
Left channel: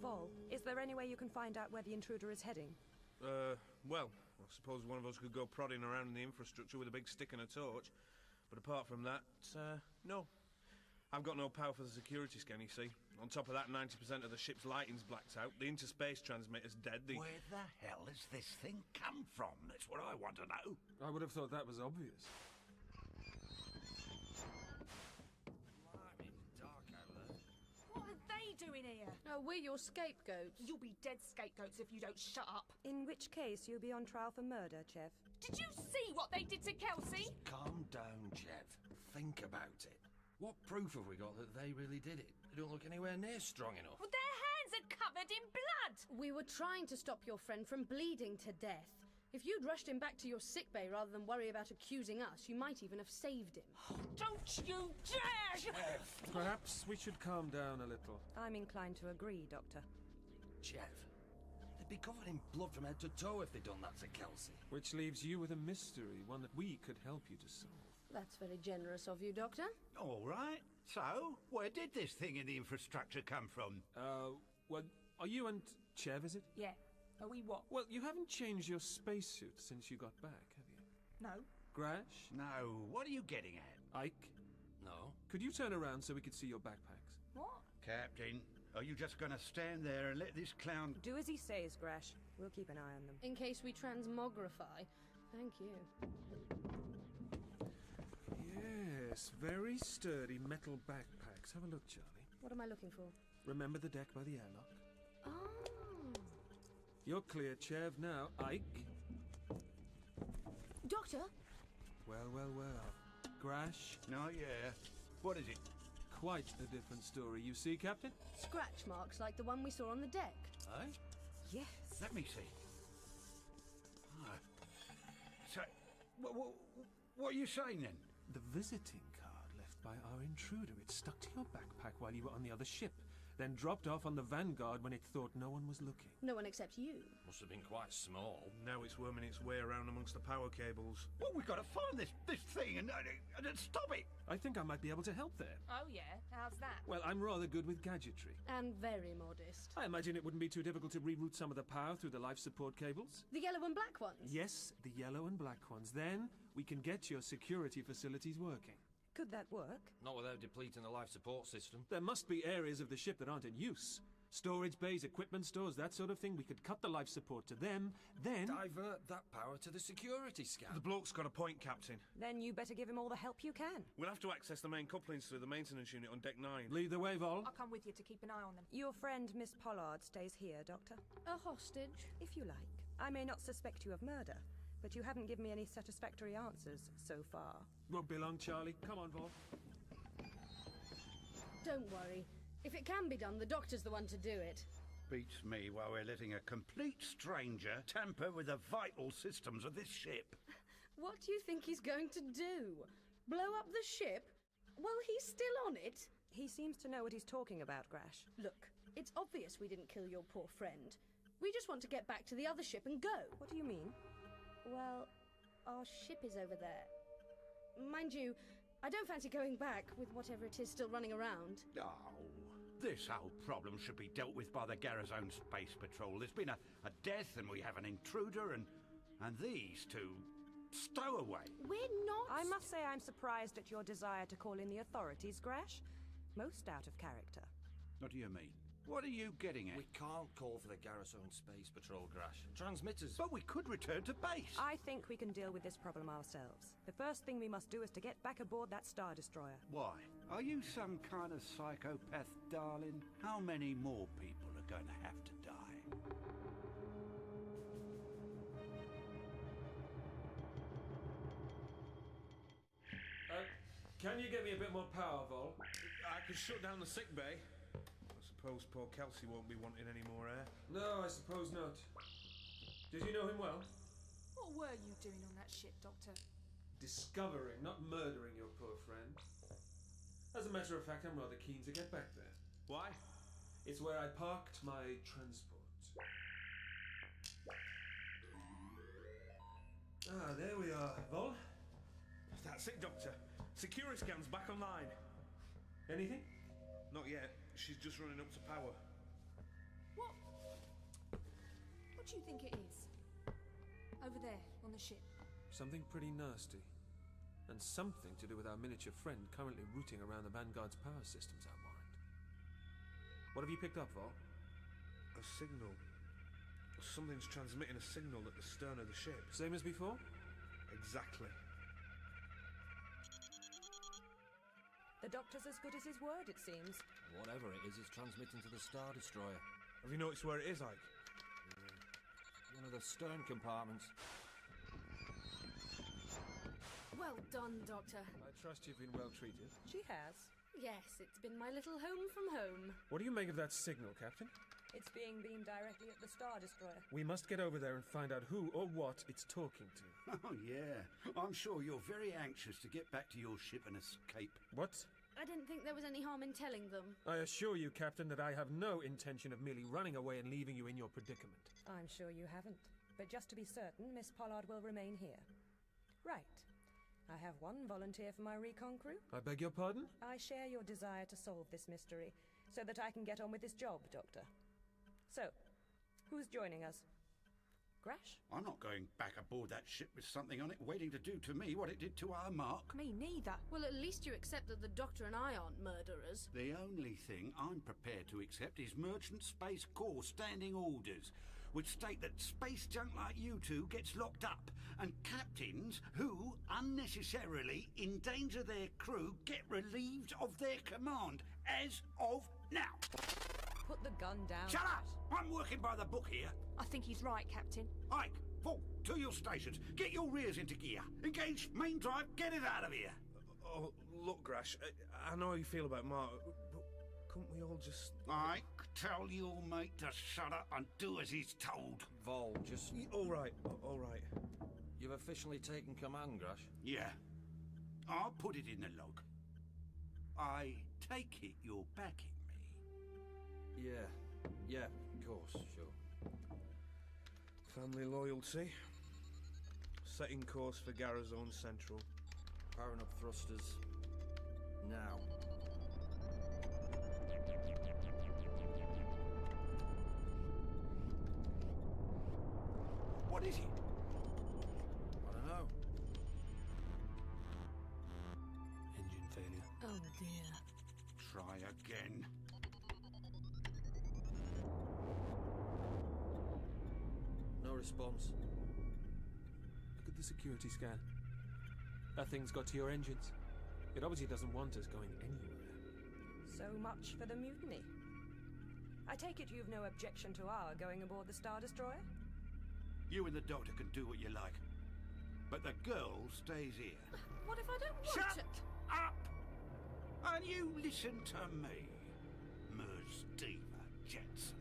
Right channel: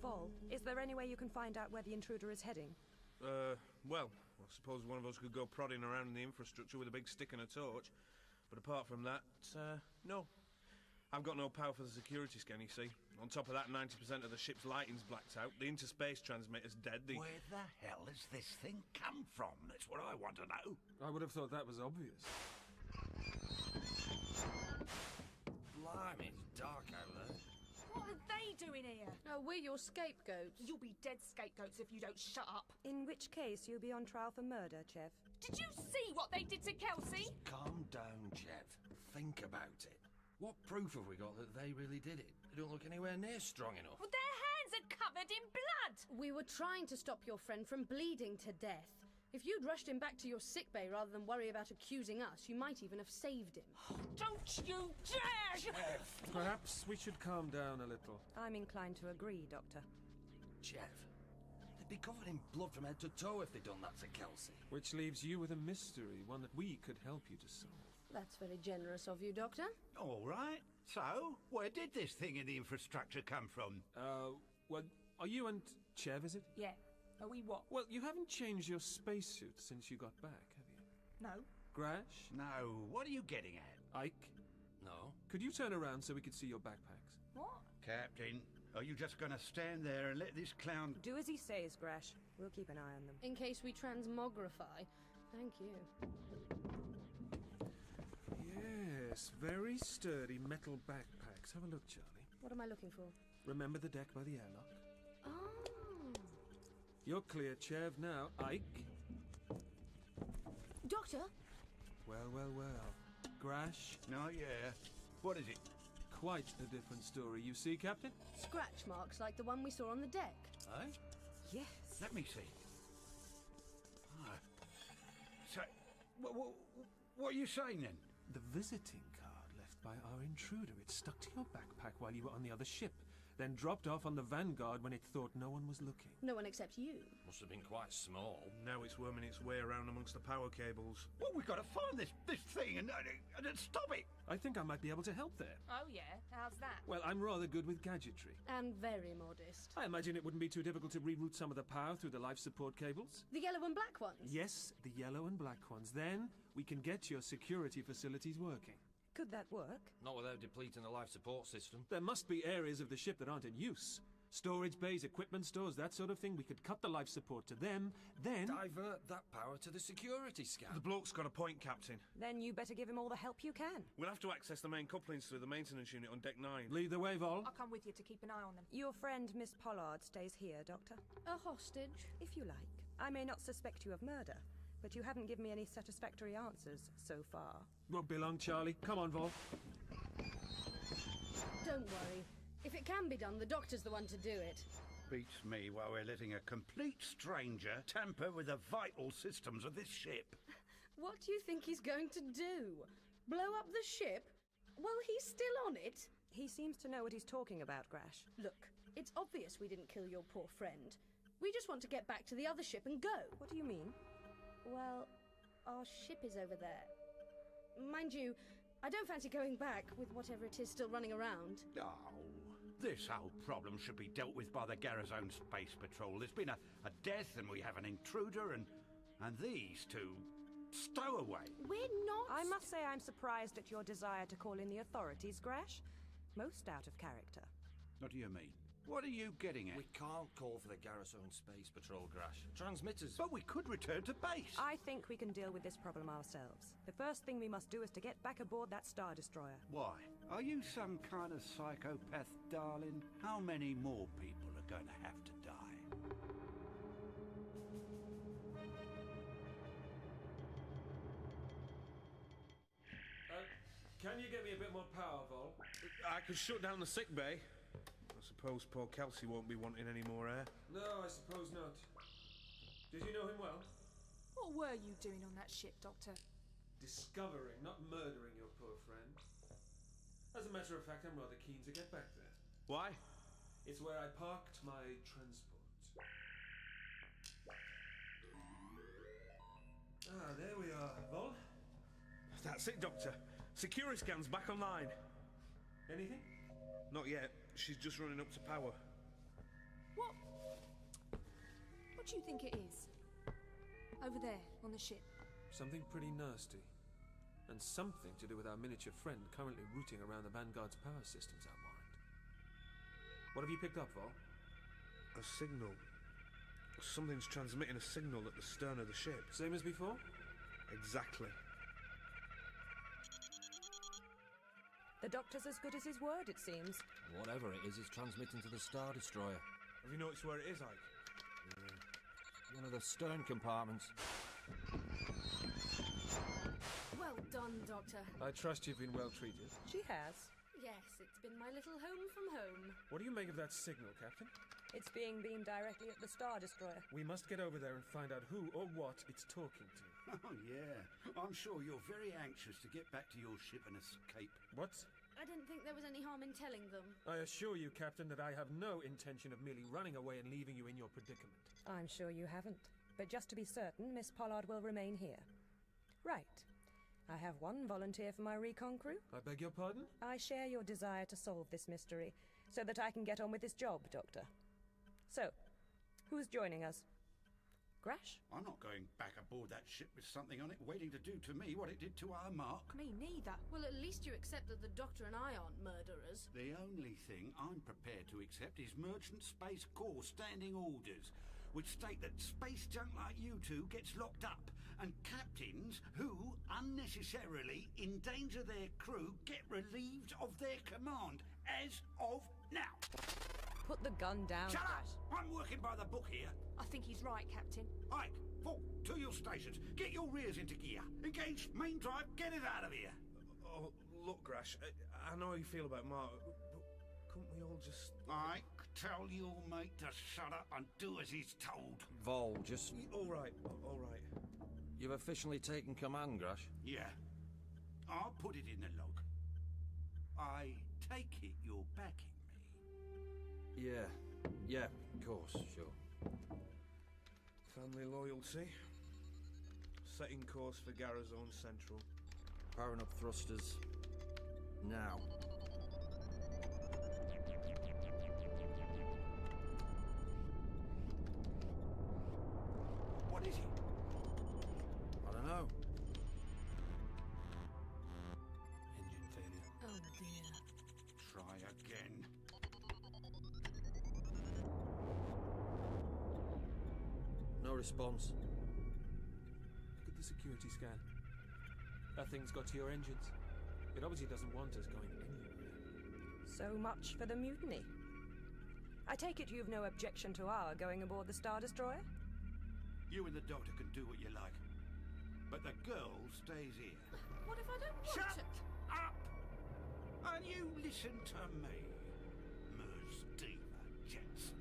Vol, is there any way you can find out where the intruder is heading? Well, I suppose one of us could go prodding around in the infrastructure with a big stick and a torch. But apart from that, no. I've got no power for the security scan, you see. On top of that, 90% of the ship's lighting's blacked out. The interspace transmitter's dead. Where the hell has this thing come from? That's what I want to know. I would have thought that was obvious. Blimey, it's dark out there. What are they doing here? Oh, we're your scapegoats. You'll be dead scapegoats if you don't shut up. In which case, you'll be on trial for murder, Chev. Did you see what they did to Kelsey? Calm down, Chev. Think about it. What proof have we got that they really did it? They don't look anywhere near strong enough. Well, their hands are covered in blood. We were trying to stop your friend from bleeding to death. If you'd rushed him back to your sickbay rather than worry about accusing us, you might even have saved him. Don't you dare! Chev! Perhaps we should calm down a little. I'm inclined to agree, Doctor. Chev, they'd be covered in blood from head to toe if they'd done that to Kelsey. Which leaves you with a mystery, one that we could help you to solve. That's very generous of you, Doctor. All right. So, where did this thing in the infrastructure come from? Well, are you and Chev, is it? Yeah. Are we what? Well, you haven't changed your spacesuit since you got back, have you? No. Grash? No, what are you getting at? Ike? No. Could you turn around so we could see your backpacks? What? Captain, are you just going to stand there and let this clown... Do as he says, Grash. We'll keep an eye on them. In case we transmogrify. Thank you. Yes, very sturdy metal backpacks. Have a look, Charlie. What am I looking for? Remember the deck by the airlock? Oh. You're clear, Chev. Now, Ike. Doctor? Well, well, well. Grash? No, yeah. What is it? Quite a different story, you see, Captain? Scratch marks like the one we saw on the deck. Eh? Yes. Let me see. Oh. So, what are you saying then? The visiting card left by our intruder. It stuck to your backpack while you were on the other ship, then dropped off on the Vanguard when it thought no one was looking. No one except you. Must have been quite small. Now it's worming its way around amongst the power cables. Well, we've got to find this thing and stop it. I think I might be able to help there. Oh, yeah? How's that? Well, I'm rather good with gadgetry. And very modest. I imagine it wouldn't be too difficult to reroute some of the power through the life support cables. The yellow and black ones? Yes, the yellow and black ones. Then we can get your security facilities working. Could that work? Not without depleting the life support system. There must be areas of the ship that aren't in use. Storage bays, equipment stores, that sort of thing. We could cut the life support to them, then... divert that power to the security scan. The bloke's got a point, Captain. Then you better give him all the help you can. We'll have to access the main couplings through the maintenance unit on Deck 9. Lead the way, Vol. I'll come with you to keep an eye on them. Your friend, Miss Pollard, stays here, Doctor. A hostage? If you like. I may not suspect you of murder, but you haven't given me any satisfactory answers so far. Won't be long, Charlie. Come on, Vol. Don't worry. If it can be done, the Doctor's the one to do it. Beats me while we're letting a complete stranger tamper with the vital systems of this ship. What do you think he's going to do? Blow up the ship? While he's still on it? He seems to know what he's talking about, Grash. Look, it's obvious we didn't kill your poor friend. We just want to get back to the other ship and go. What do you mean? Well, our ship is over there. Mind you, I don't fancy going back with whatever it is still running around. Oh, this whole problem should be dealt with by the Garrison Space Patrol. There's been a death and we have an intruder and these two stowaway. We're not... I must say I'm surprised at your desire to call in the authorities, Grash. Most out of character. What do you mean? What are you getting at? We can't call for the Garrison Space Patrol, Grash. Transmitters... But we could return to base. I think we can deal with this problem ourselves. The first thing we must do is to get back aboard that Star Destroyer. Why? Are you some kind of psychopath, darling? How many more people are going to have to die? Can you get me a bit more power, Vol? I could shut down the sick bay. I suppose poor Kelsey won't be wanting any more air. No, I suppose not. Did you know him well? What were you doing on that ship, Doctor? Discovering, not murdering your poor friend. As a matter of fact, I'm rather keen to get back there. Why? It's where I parked my transport. Ah, there we are, Vol. That's it, Doctor. Security scan's back online. Anything? Not yet. She's just running up to power. What do you think it is? Over there, on the ship. Something pretty nasty. And something to do with our miniature friend currently rooting around the Vanguard's power systems out mind. What have you picked up, Vol? A signal. Something's transmitting a signal at the stern of the ship. Same as before? Exactly. The Doctor's as good as his word, it seems. Whatever it is transmitting to the Star Destroyer. Have you noticed where it is, Ike? One of the stern compartments. Well done, Doctor. I trust you've been well treated. She has. Yes, it's been my little home from home. What do you make of that signal, Captain? It's being beamed directly at the Star Destroyer. We must get over there and find out who or what it's talking to. Oh, yeah. I'm sure you're very anxious to get back to your ship and escape. What? I didn't think there was any harm in telling them. I assure you, Captain, that I have no intention of merely running away and leaving you in your predicament. I'm sure you haven't. But just to be certain, Miss Pollard will remain here. Right. I have one volunteer for my recon crew. I beg your pardon? I share your desire to solve this mystery, so that I can get on with this job, Doctor. So, who's joining us? Grash? I'm not going back aboard that ship with something on it waiting to do to me what it did to our Mark. Me neither. Well, at least you accept that the Doctor and I aren't murderers. The only thing I'm prepared to accept is Merchant Space Corps standing orders, which state that space junk like you two gets locked up, and captains who unnecessarily endanger their crew get relieved of their command, as of now. Put the gun down, Shut Grash. up! I'm working by the book here. I think he's right, Captain. Ike, Paul, to your stations. Get your rears into gear. Engage main drive. Get it out of here. Oh, look, Grash, I know how you feel about Mark, but couldn't we all just... Ike, tell your mate to shut up and do as he's told. Vol, just... All right, all right. You've officially taken command, Grash? Yeah. I'll put it in the log. I take it you're backing me. Yeah, of course, sure. Family loyalty. Setting course for Garrison Central. Powering up thrusters. Now. What is it? I don't know. Engine failure. Oh, dear. Try again. No response. Look at the security scan. That thing's got to your engines. It obviously doesn't want us going anywhere. So much for the mutiny. I take it you've no objection to our going aboard the Star Destroyer? You and the Doctor can do what you like. But the girl stays here. What if I don't want Shut to? up! And you listen to me, Diva Jetson.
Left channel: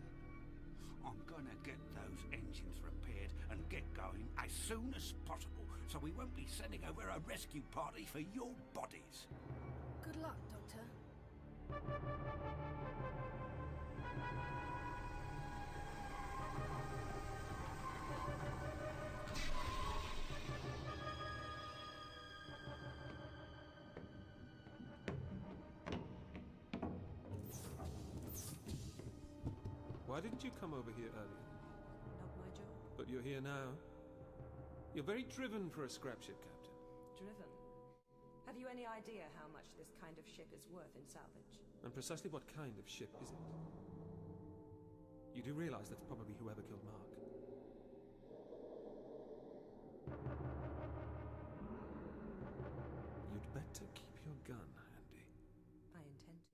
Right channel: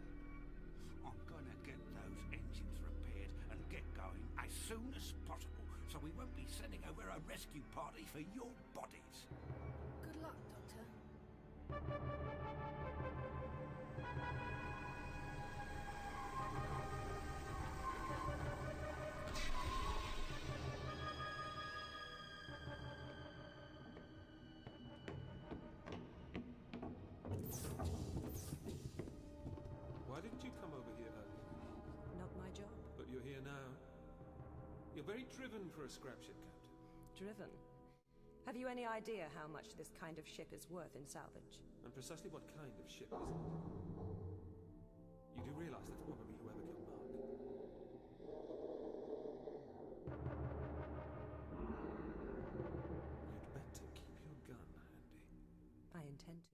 I'm gonna get those engines repaired and get going as soon as possible, so we won't be sending over a rescue party for your bodies. Good luck, Doctor. Why didn't you come over here earlier? Not my job. But you're here now. You're very driven for a scrap ship, Captain. Driven? Have you any idea how much this kind of ship is worth in salvage? And precisely what kind of ship is it? You do realize that's probably whoever killed Mark? You'd better keep your gun handy. I intend to.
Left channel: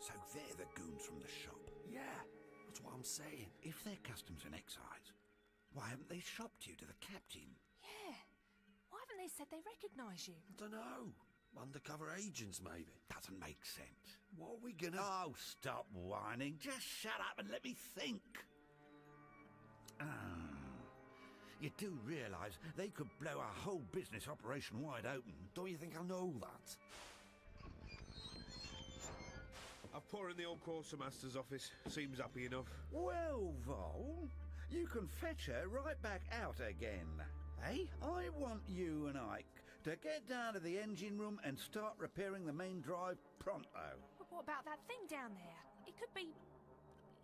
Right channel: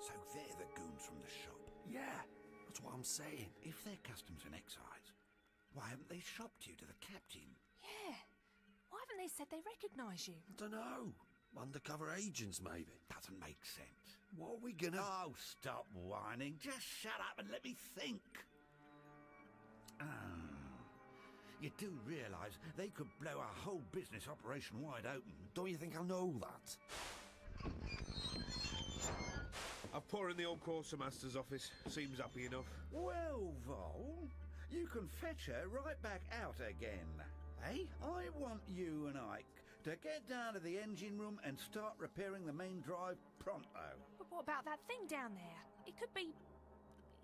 So they're the goons from the shop. Yeah, that's what I'm saying. If they're customs and excise, why haven't they shopped you to the captain? Yeah. Why haven't they said they recognise you? I don't know. Undercover agents, maybe. Doesn't make sense. What are we gonna... Oh, stop whining. Just shut up and let me think. You do realise they could blow our whole business operation wide open. Don't you think I know that? I've put her in the old quartermaster's office. Seems happy enough. Well, Vol, you can fetch her right back out again. Hey, I want you and Ike to get down to the engine room and start repairing the main drive pronto. But what about that thing down there? It could be,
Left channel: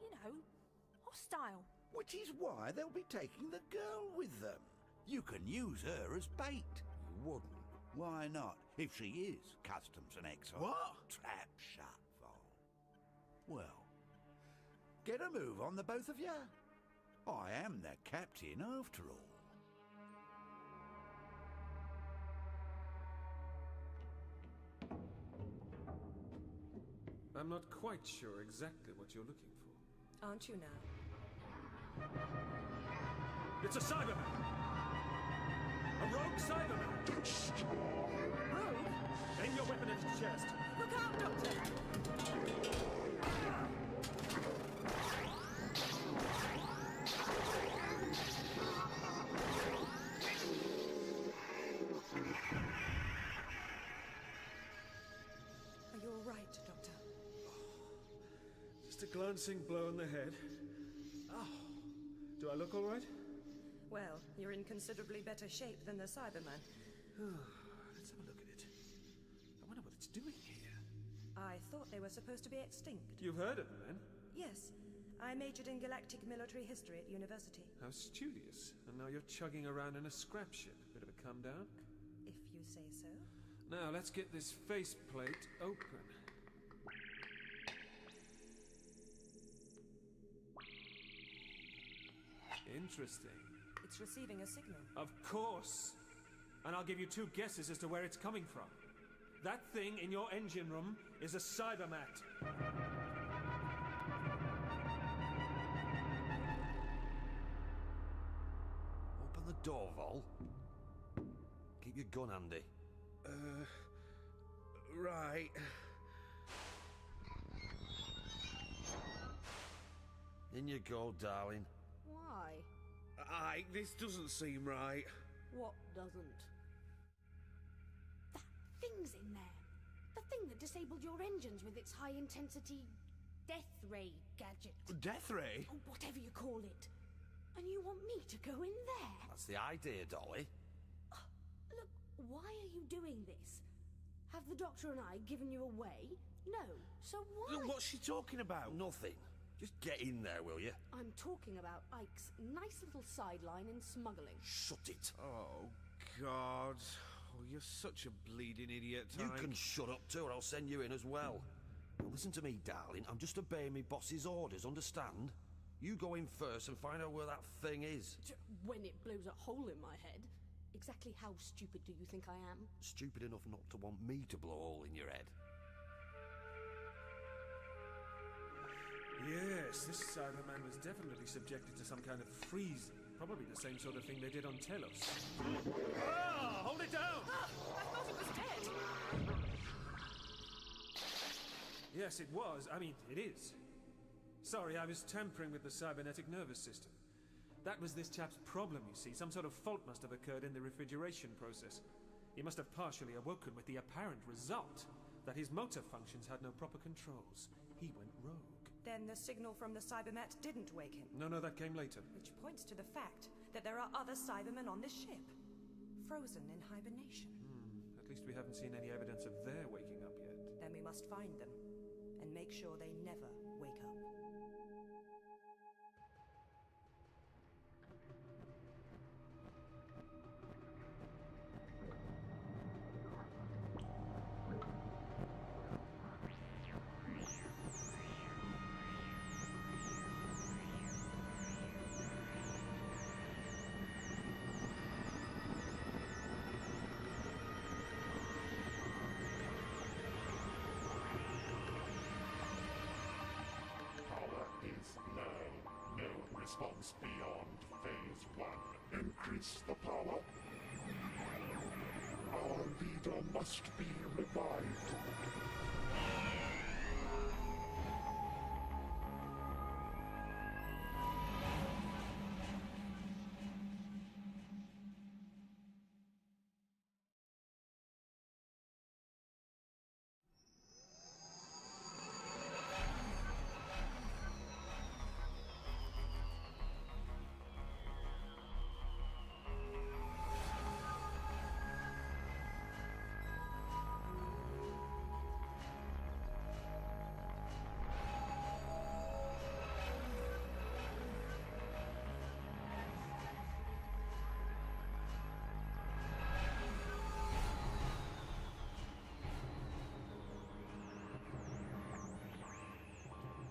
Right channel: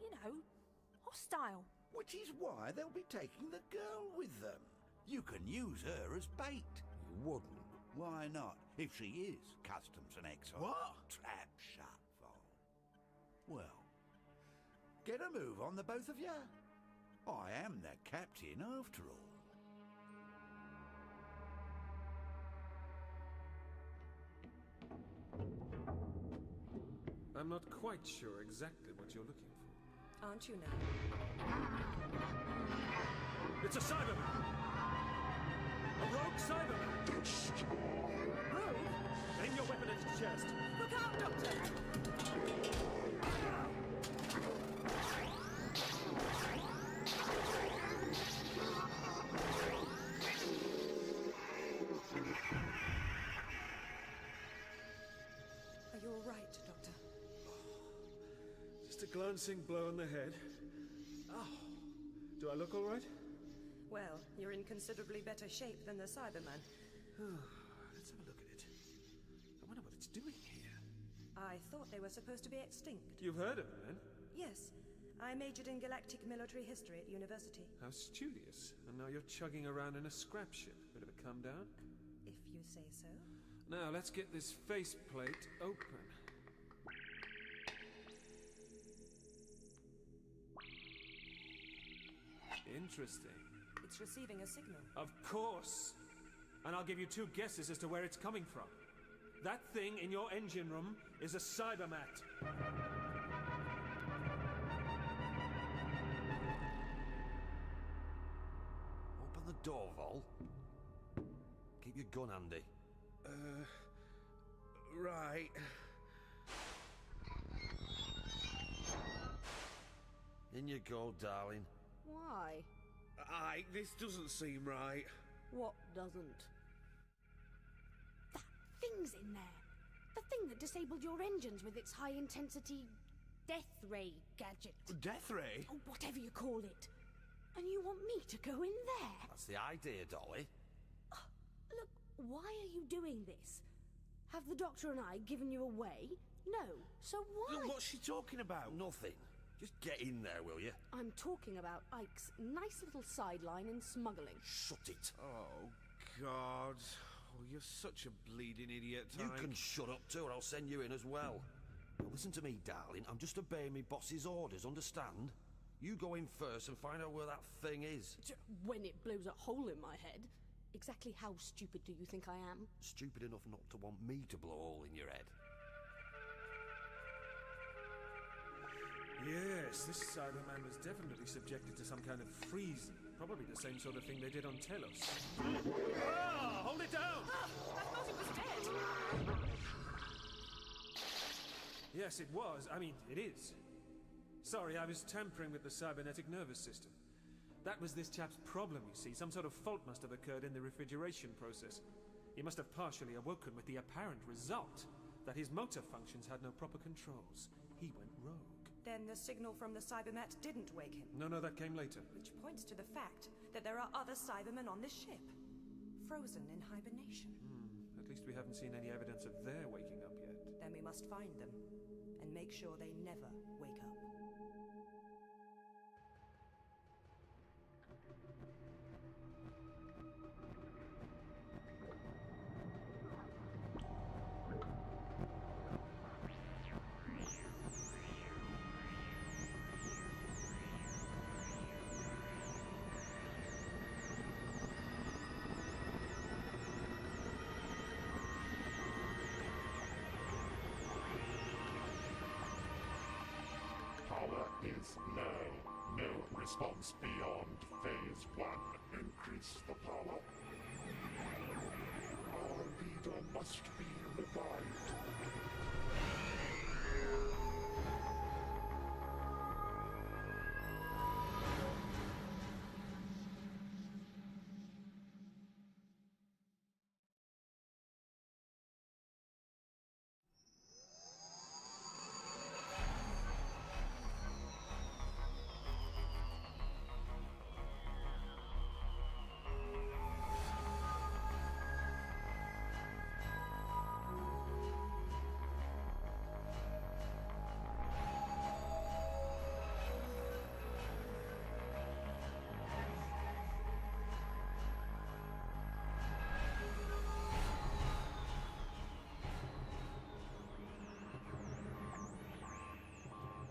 you know, hostile. Which is why they'll be taking the girl with them. You can use her as bait. You wouldn't. Why not, if she is customs and excise? What? Trap shut, Vol. Well, get a move on, the both of you. I am the captain after all. I'm not quite sure exactly what you're looking for. Aren't you now? It's a Cyberman! A rogue Cyberman! Rogue? Aim your weapon at his chest. Look out, Doctor! Are you all right, Doctor? Just a glancing blow on the head. Oh, do I look all right? Well, you're in considerably better shape than the Cyberman. Let's have a look at it. I wonder what it's doing here. I thought they were supposed to be extinct. You've heard of them, then? Yes. I majored in galactic military history at university. How studious. And now you're chugging around in a scrap ship. Bit of a come down? If you say so. Now, let's get this faceplate open. Interesting. It's receiving a signal. Of course. And I'll give you two guesses as to where it's coming from. That thing in your engine room is a cybermat. Open the door, Vol. Keep your gun handy. Right. In you go, darling. Why? Ike, this doesn't seem right. What doesn't? That thing's in there. The thing that disabled your engines with its high-intensity death ray gadget. Death ray? Oh, whatever you call it. And you want me to go in there? That's the idea, Dolly. Look, why are you doing this? Have the Doctor and I given you away? No. So why? Look, what's she talking about? Nothing. Just get in there, will you? I'm talking about Ike's nice little sideline in smuggling. Shut it. Oh, God. Oh, you're such a bleeding idiot, You Ike. can shut up too, or I'll send you in as well. Now listen to me, darling. I'm just obeying me boss's orders, understand? You go in first and find out where that thing is. When it blows a hole in my head. Exactly how stupid do you think I am? Stupid enough not to want me to blow a hole in your head. Yes, this Cyberman was definitely subjected to some kind of freezing. Probably the same sort of thing they did on Telos. Ah! Hold it down! I thought it was dead. Yes, it was. I mean, it is. Sorry, I was tampering with the cybernetic nervous system. That was this chap's problem, you see. Some sort of fault must have occurred in the refrigeration process. He must have partially awoken with the apparent result that his motor functions had no proper controls. He went rogue. Then the signal from the Cybermat didn't wake him. No, that came later. Which points to the fact that there are other Cybermen on this ship. Frozen in hibernation. At least we haven't seen any evidence of their waking up yet. Then we must find them and make sure they never wake up. is low. No response beyond phase 1. Increase the power. Our leader must be revived.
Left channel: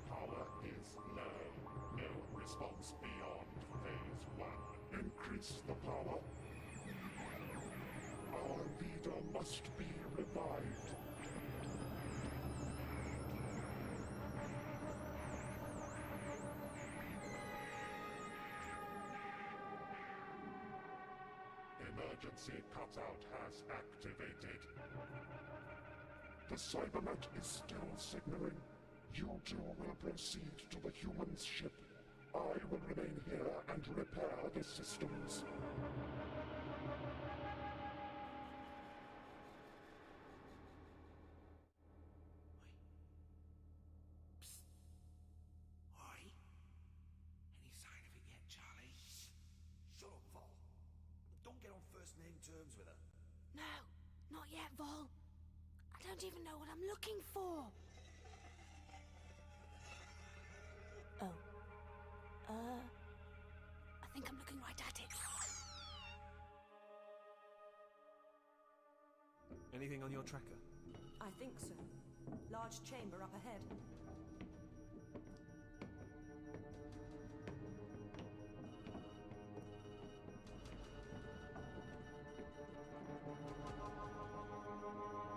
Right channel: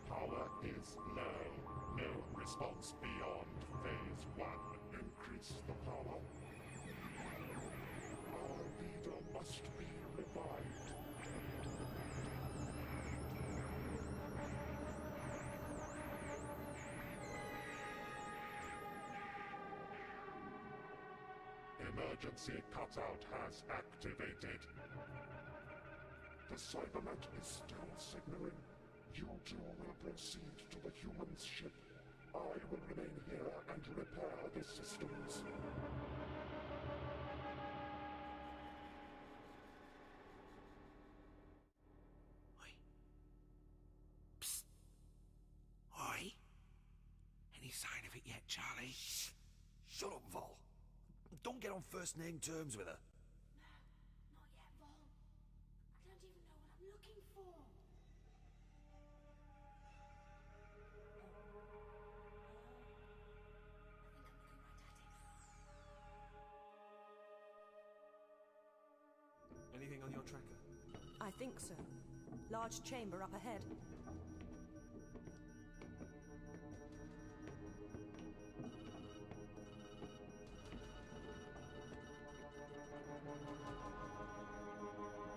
Power is low. No response beyond phase 1. Increase the power. Our leader must be revived. Emergency cutout has activated. The Cybernet is still signaling. You two will proceed to the human's ship. I will remain here and repair the systems. Oi? Any sign of it yet, Charlie? Shut up, Vol. Don't get on first name terms with her. No, not yet, Vol. I don't even know what I'm looking for. Oh. I think I'm looking right at it. Anything on your tracker? I think so. Large chamber up ahead.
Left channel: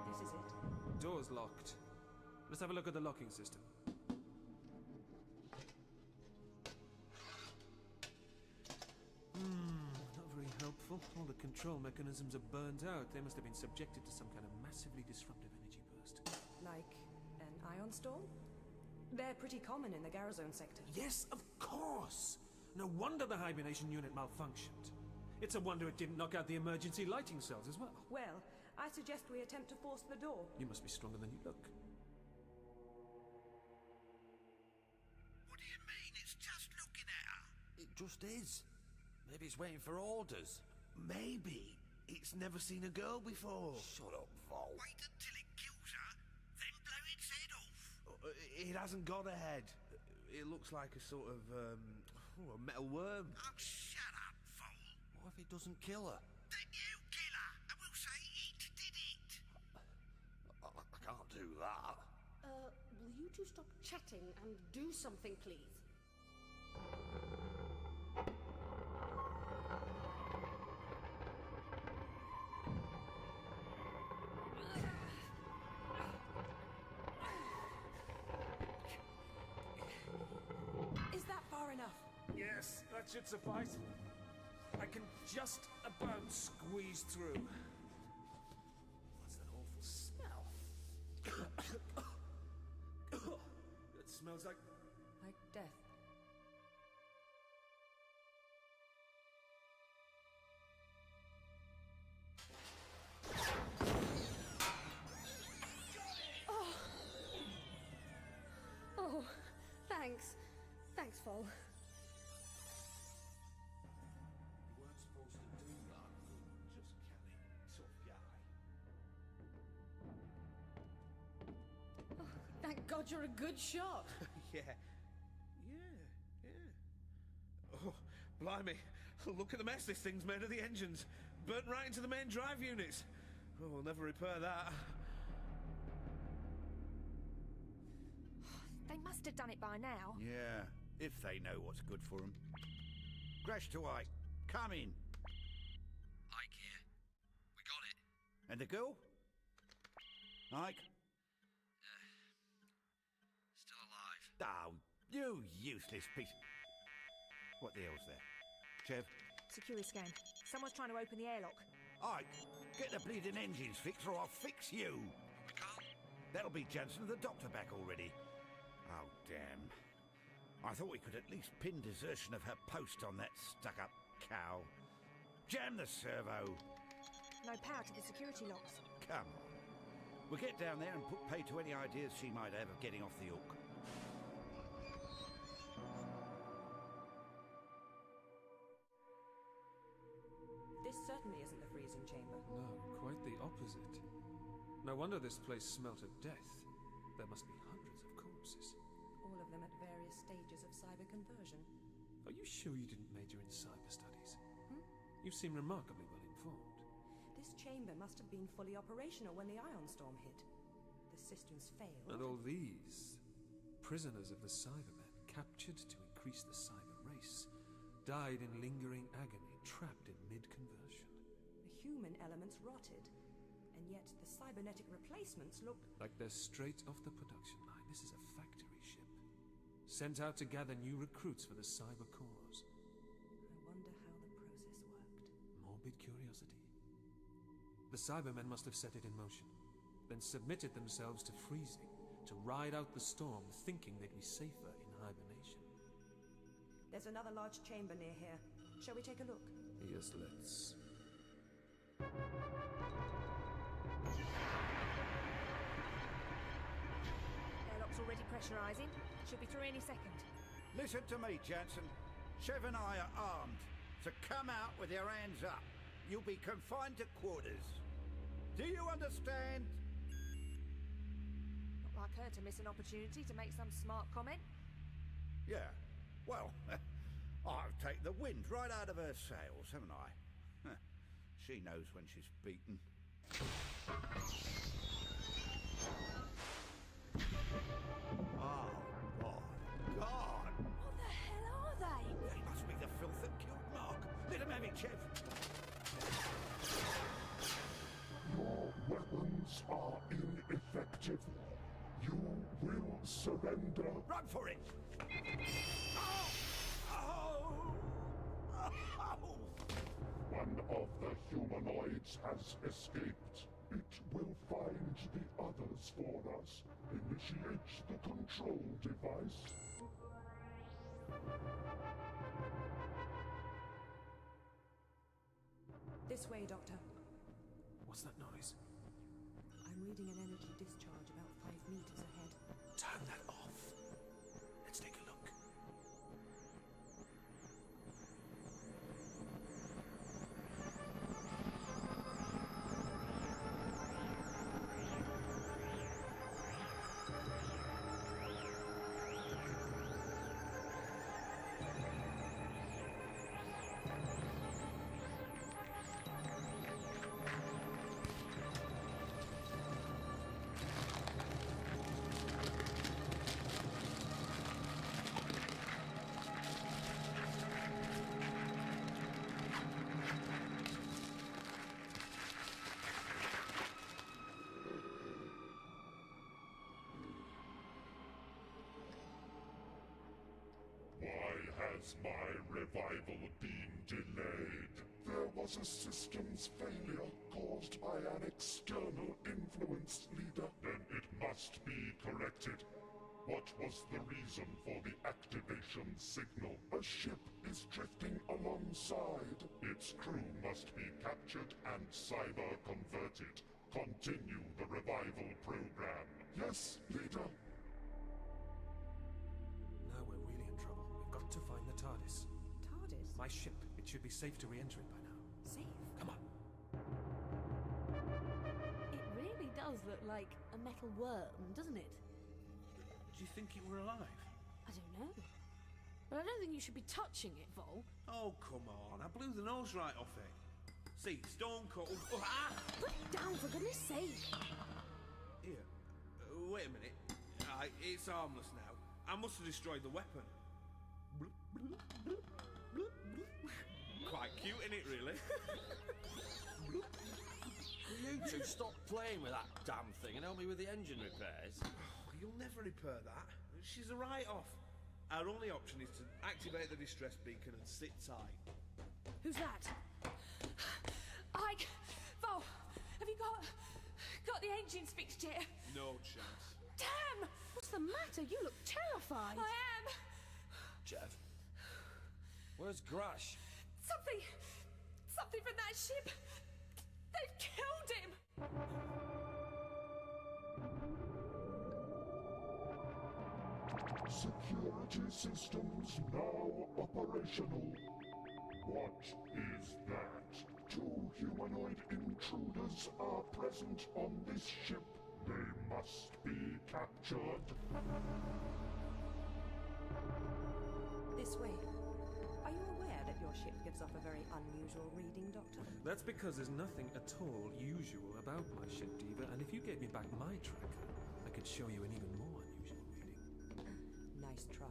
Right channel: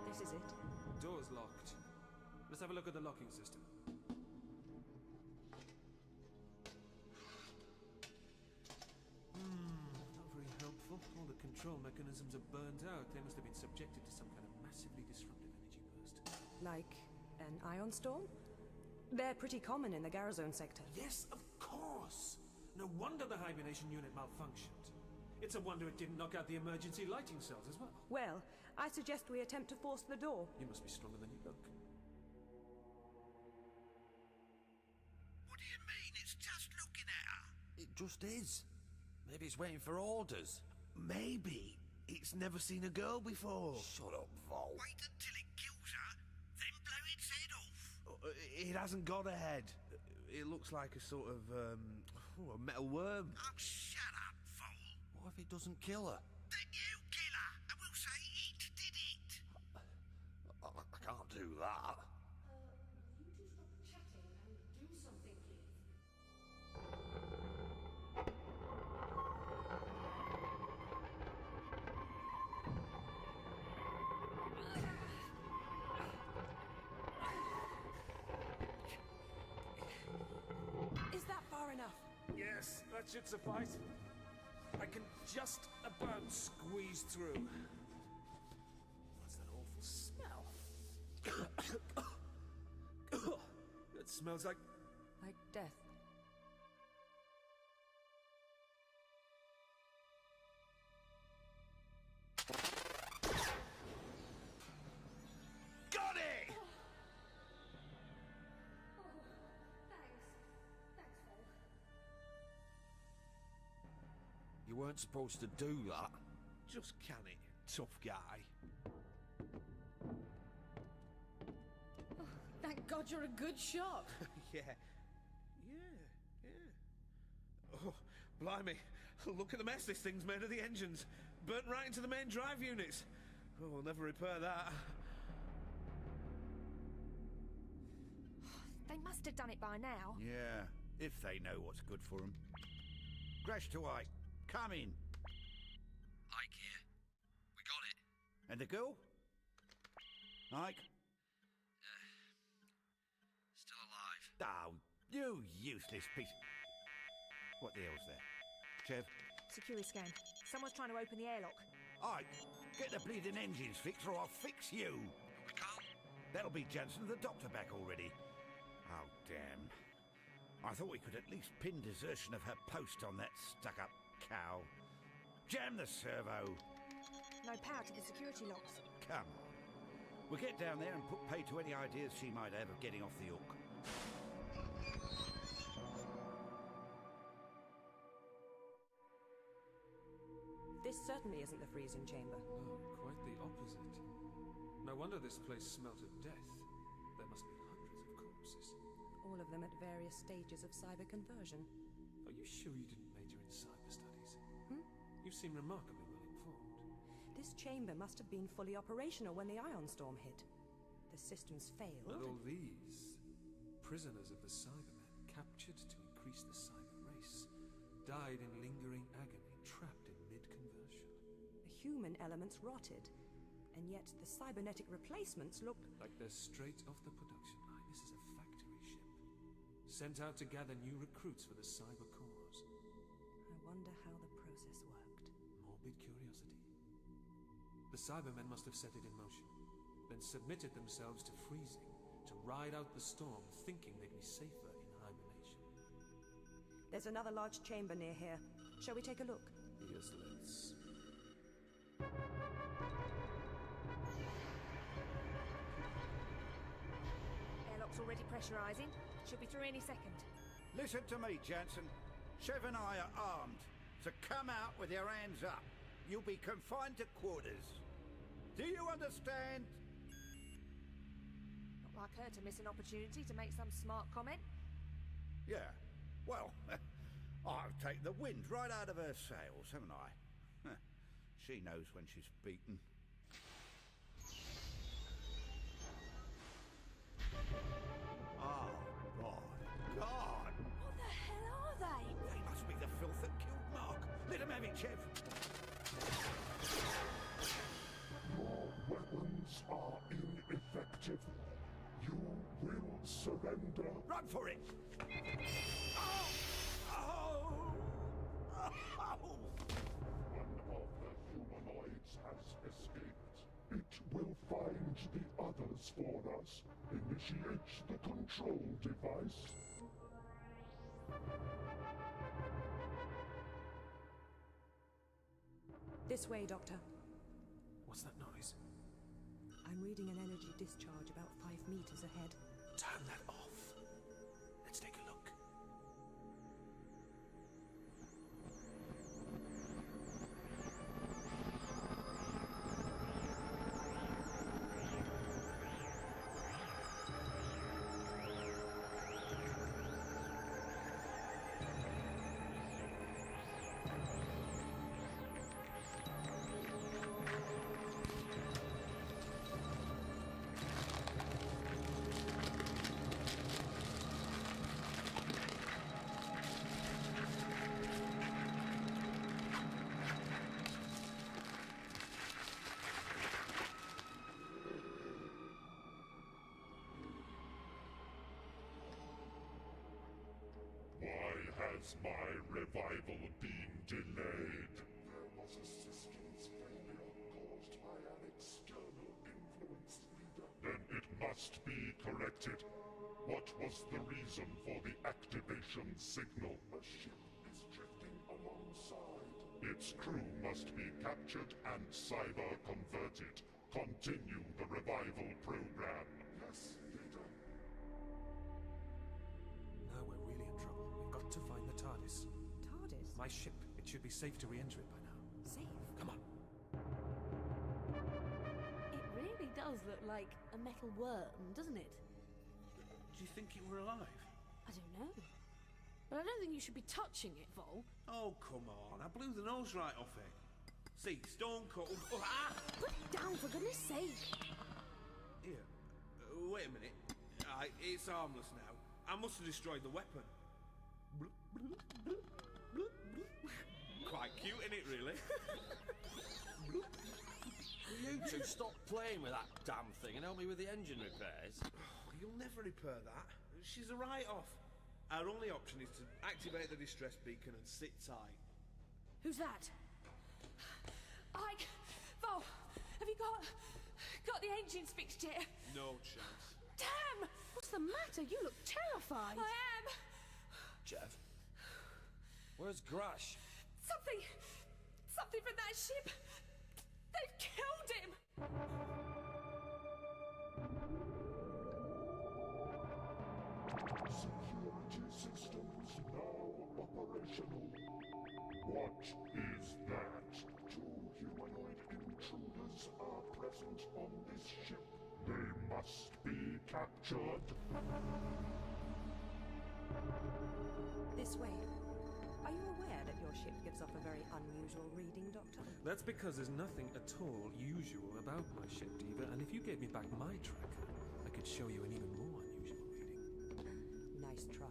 This is it. Door's locked. Let's have a look at the locking system. Not very helpful. All the control mechanisms are burnt out. They must have been subjected to some kind of massively disruptive energy burst. Like an ion storm? They're pretty common in the Garazone sector. Yes, of course! No wonder the hibernation unit malfunctioned. It's a wonder it didn't knock out the emergency lighting cells as well. Well, I suggest we attempt to force the door. You must be stronger than you look. What do you mean? It's just looking at her. It just is. Maybe it's waiting for orders. Maybe it's never seen a girl before. Shut up, Vol. Wait until it kills her, then blow its head off. It hasn't got a head. It looks like a sort of, a metal worm. Oh, shut up, Vol. What if it doesn't kill her? Then you kill her, and we'll say it did it. I can't do that. Will you two stop chatting and do something, please? Is that far enough? Yes, that should suffice. I can just about squeeze through. What's that awful smell? That smells like... Like death. Got it! Oh, thanks. Thanks, Vol. You weren't supposed to do that. Just can it, tough guy. Oh, thank God you're a good shot. Yeah. Oh, blimey. Look at the mess this thing's made of the engines. Burnt right into the main drive units. Oh, we'll never repair that. They must have done it by now. Yeah, if they know what's good for them. Crash to Ike. Come in. Ike here. We got it. And the girl? Ike? Still alive. Oh, You useless piece... What the hell's that? Chev? Security scan. Someone's trying to open the airlock. Ike, get the bleeding engines fixed or I'll fix you. That'll be Jansen and the doctor back already. Oh, damn. I thought we could at least pin desertion of her post on that stuck-up cow. Jam the servo. No power to the security locks. Come on. We'll get down there and put pay to any ideas she might have of getting off the hook. This certainly isn't the freezing chamber. No, quite the opposite. No wonder this place smelt of death. There must be hundreds of corpses. All of them at various stages of cyber conversion. Are you sure you didn't major in cyber studies? Hmm? You seem remarkably well informed. This chamber must have been fully operational when the ion storm hit. The systems failed. And all these prisoners of the Cybermen, captured to increase the cyber race, died in lingering agony, trapped in mid-conversion. The human elements rotted, and yet the cybernetic replacements looked... like they're straight off the production line. This is a factory ship, sent out to gather new recruits for the cyber cause. I wonder how the process worked. Morbid curiosity. The Cybermen must have set it in motion, then submitted themselves to freezing, to ride out the storm, thinking they'd be safer in hibernation. There's another large chamber near here. Shall we take a look? Yes, let's. Airlock's already pressurizing. Should be through any second. Listen to me, Jansen. Chev and I are armed, so come out with your hands up. You'll be confined to quarters. Do you understand? Not like her to miss an opportunity to make some smart comment. Yeah. Well, I've taken the wind right out of her sails, haven't I? She knows when she's beaten. Oh, my God! What the hell are they? They must be the filth that killed Mark. Let him have it, Chev. Your weapons are ineffective. You will surrender. Run for it! Oh! Oh! Oh! One of the humanoids has escaped. It will find the others for us. Initiate the control device. This way, Doctor. What's that noise? I'm reading an energy discharge about 5 meters ahead. Turn that off. Let's take a look. Has my revival been delayed? There was a systems failure caused by an external influence, leader. Then it must be corrected. What was the reason for the activation signal? A ship is drifting alongside. Its crew must be captured and cyber-converted. Continue the revival program. Yes, leader. Now we're really in trouble. We've got to find the TARDIS. TARDIS? My ship. It should be safe to re-enter it by now. Safe? Come on. It really does look like a metal worm, doesn't it? Do you think it were alive? I don't know. But I don't think you should be touching it, Vol. Oh, come on. I blew the nose right off it. See, stone cold. Oh, ah! Put it down, for goodness sake. Here. Wait a minute. It's harmless now. I must have destroyed the weapon. Quite cute, isn't it, really? You two stop playing with that damn thing and help me with the engine repairs. Oh, you'll never repair that. She's a write-off. Our only option is to activate the distress beacon and sit tight. Who's that? Ike! Vol! Have you got the engines fixed yet? No chance. Damn! What's the matter? You look terrified. I am! Jeff? Where's Grash? Something from that ship! They've killed him! Security systems now operational. What is that? 2 humanoid intruders are present on this ship. They must be captured. This way. Are you aware that your ship gives off a very unusual reading, Doctor? That's because there's nothing at all usual about my ship, Diva, and if you gave me back my tracker, I could show you an even more unusual reading. Nice try.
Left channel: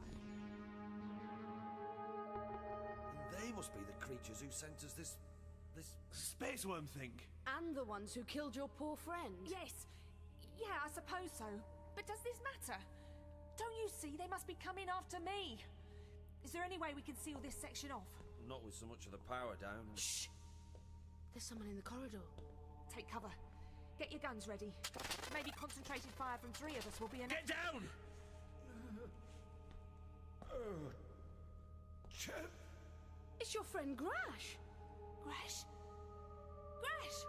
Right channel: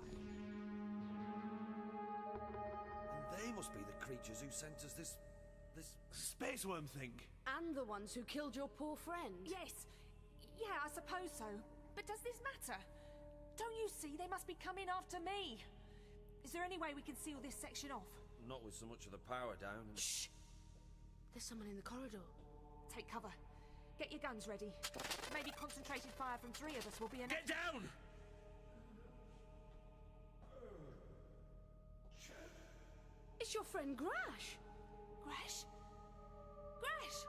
And they must be the creatures who sent us this space worm thing. And the ones who killed your poor friend. Yes. Yeah, I suppose so. But does this matter? Don't you see they must be coming after me? Is there any way we can seal this section off? Not with so much of the power down. Shh! There's someone in the corridor. Take cover. Get your guns ready. Maybe concentrated fire from 3 of us will be enough. Get down! It's your friend Grash! Grash? Grash!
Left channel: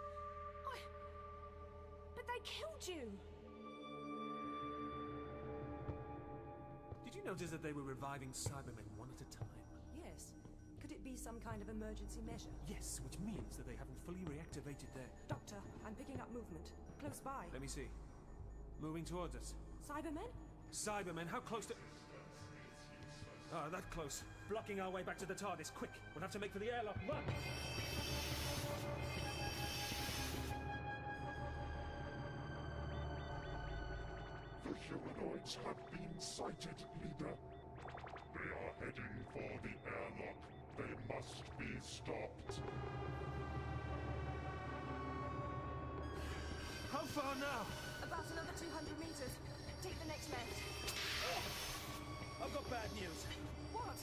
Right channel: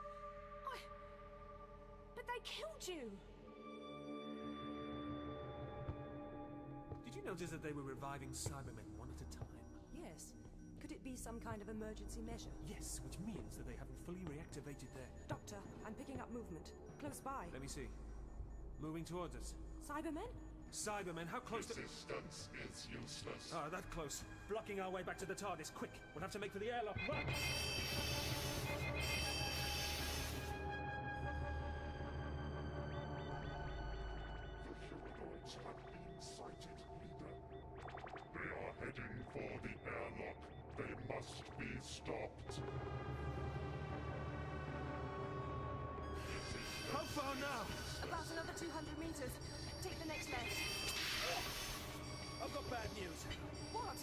But they killed you! Did you notice that they were reviving Cybermen one at a time? Yes. Could it be some kind of emergency measure? Yes, which means that they haven't fully reactivated their... Doctor, I'm picking up movement. Close by. Let me see. Moving towards us. Cybermen? Cybermen, how close to... Resistance is useless. Ah, that close. Blocking our way back to the TARDIS, quick! We'll have to make for the airlock, run! The humanoids have been sighted, leader. They are heading for the airlock. They must be stopped. How far now? About another 200 meters. Take the next left. I've got bad news. What?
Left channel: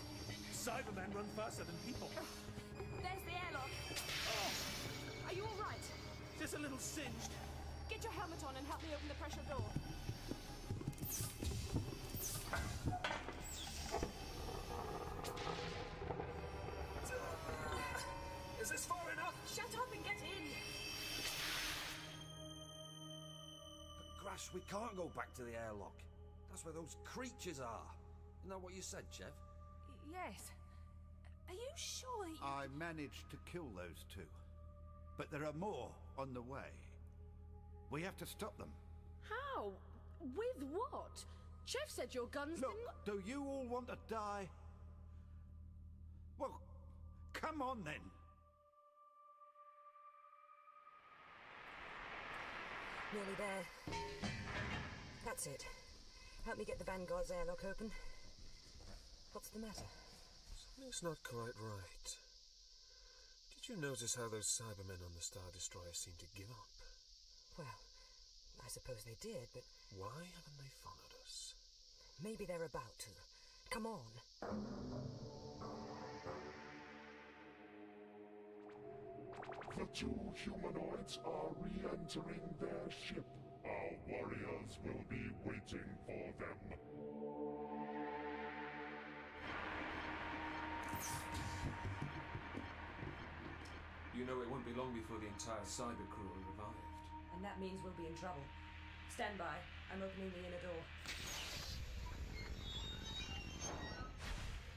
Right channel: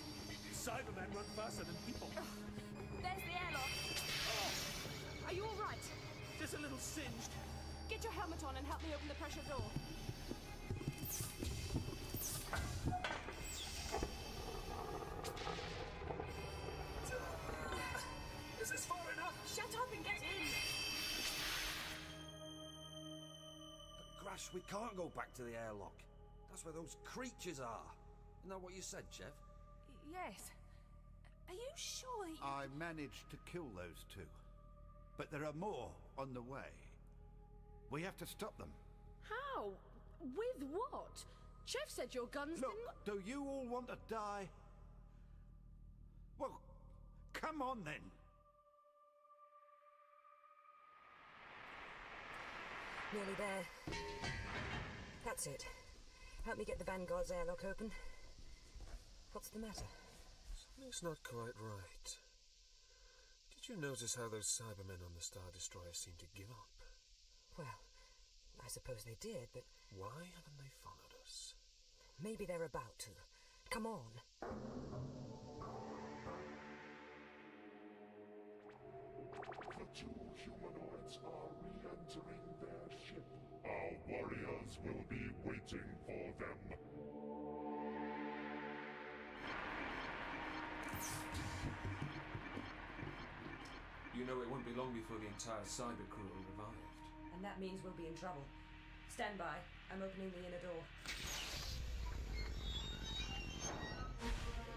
Cybermen run faster than people. There's the airlock. Are you all right? Just a little singed. Get your helmet on and help me open the pressure door. Is this far enough? Shut up and get in! But Grash, we can't go back to the airlock. That's where those creatures are. Isn't that what you said, Jeff? Yes. Are you sure that you... I managed to kill those 2. But there are more on the way. We have to stop them. How? With what? Chef said your guns Look, do you all want to die? Well, come on then. Nearly there. That's it. Help me get the Vanguard's airlock open. What's the matter? Something's not quite right. Did you notice how those Cybermen on the Star Destroyer seem to give up? Well, I suppose they did, but... Why haven't they followed us? Maybe they're about to. Come on. The 2 humanoids are re-entering their ship. Our warriors will be waiting for them. You know it won't be long before the entire cyber crew are revived. And that means we'll be in trouble. Stand by. I'm opening the inner door.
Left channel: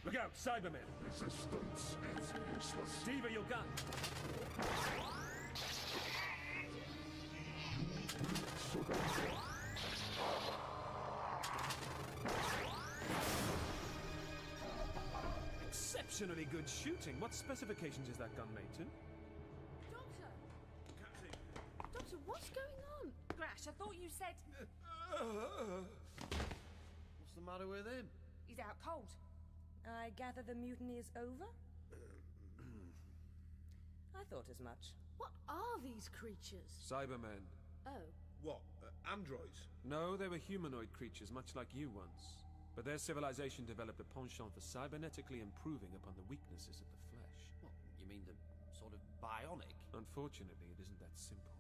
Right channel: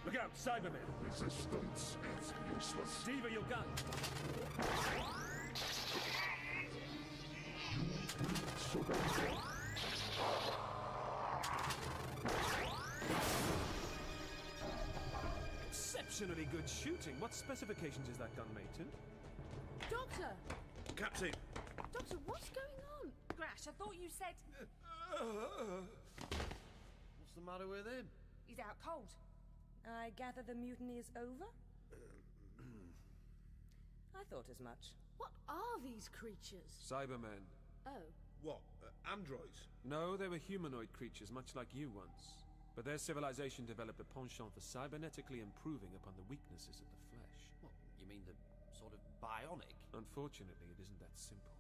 Look out, Cybermen! Resistance is useless. Diva, your gun! Exceptionally good shooting. What specifications is that gun made to? Doctor! Captain! Doctor, what's going on? Grash, I thought you said... What's the matter with him? He's out cold. I gather the mutiny is over? I thought as much. What are these creatures? Cybermen. Oh. What? Androids? No, they were humanoid creatures, much like you once. But their civilization developed a penchant for cybernetically improving upon the weaknesses of the flesh. What, you mean the sort of bionic? Unfortunately, it isn't that simple.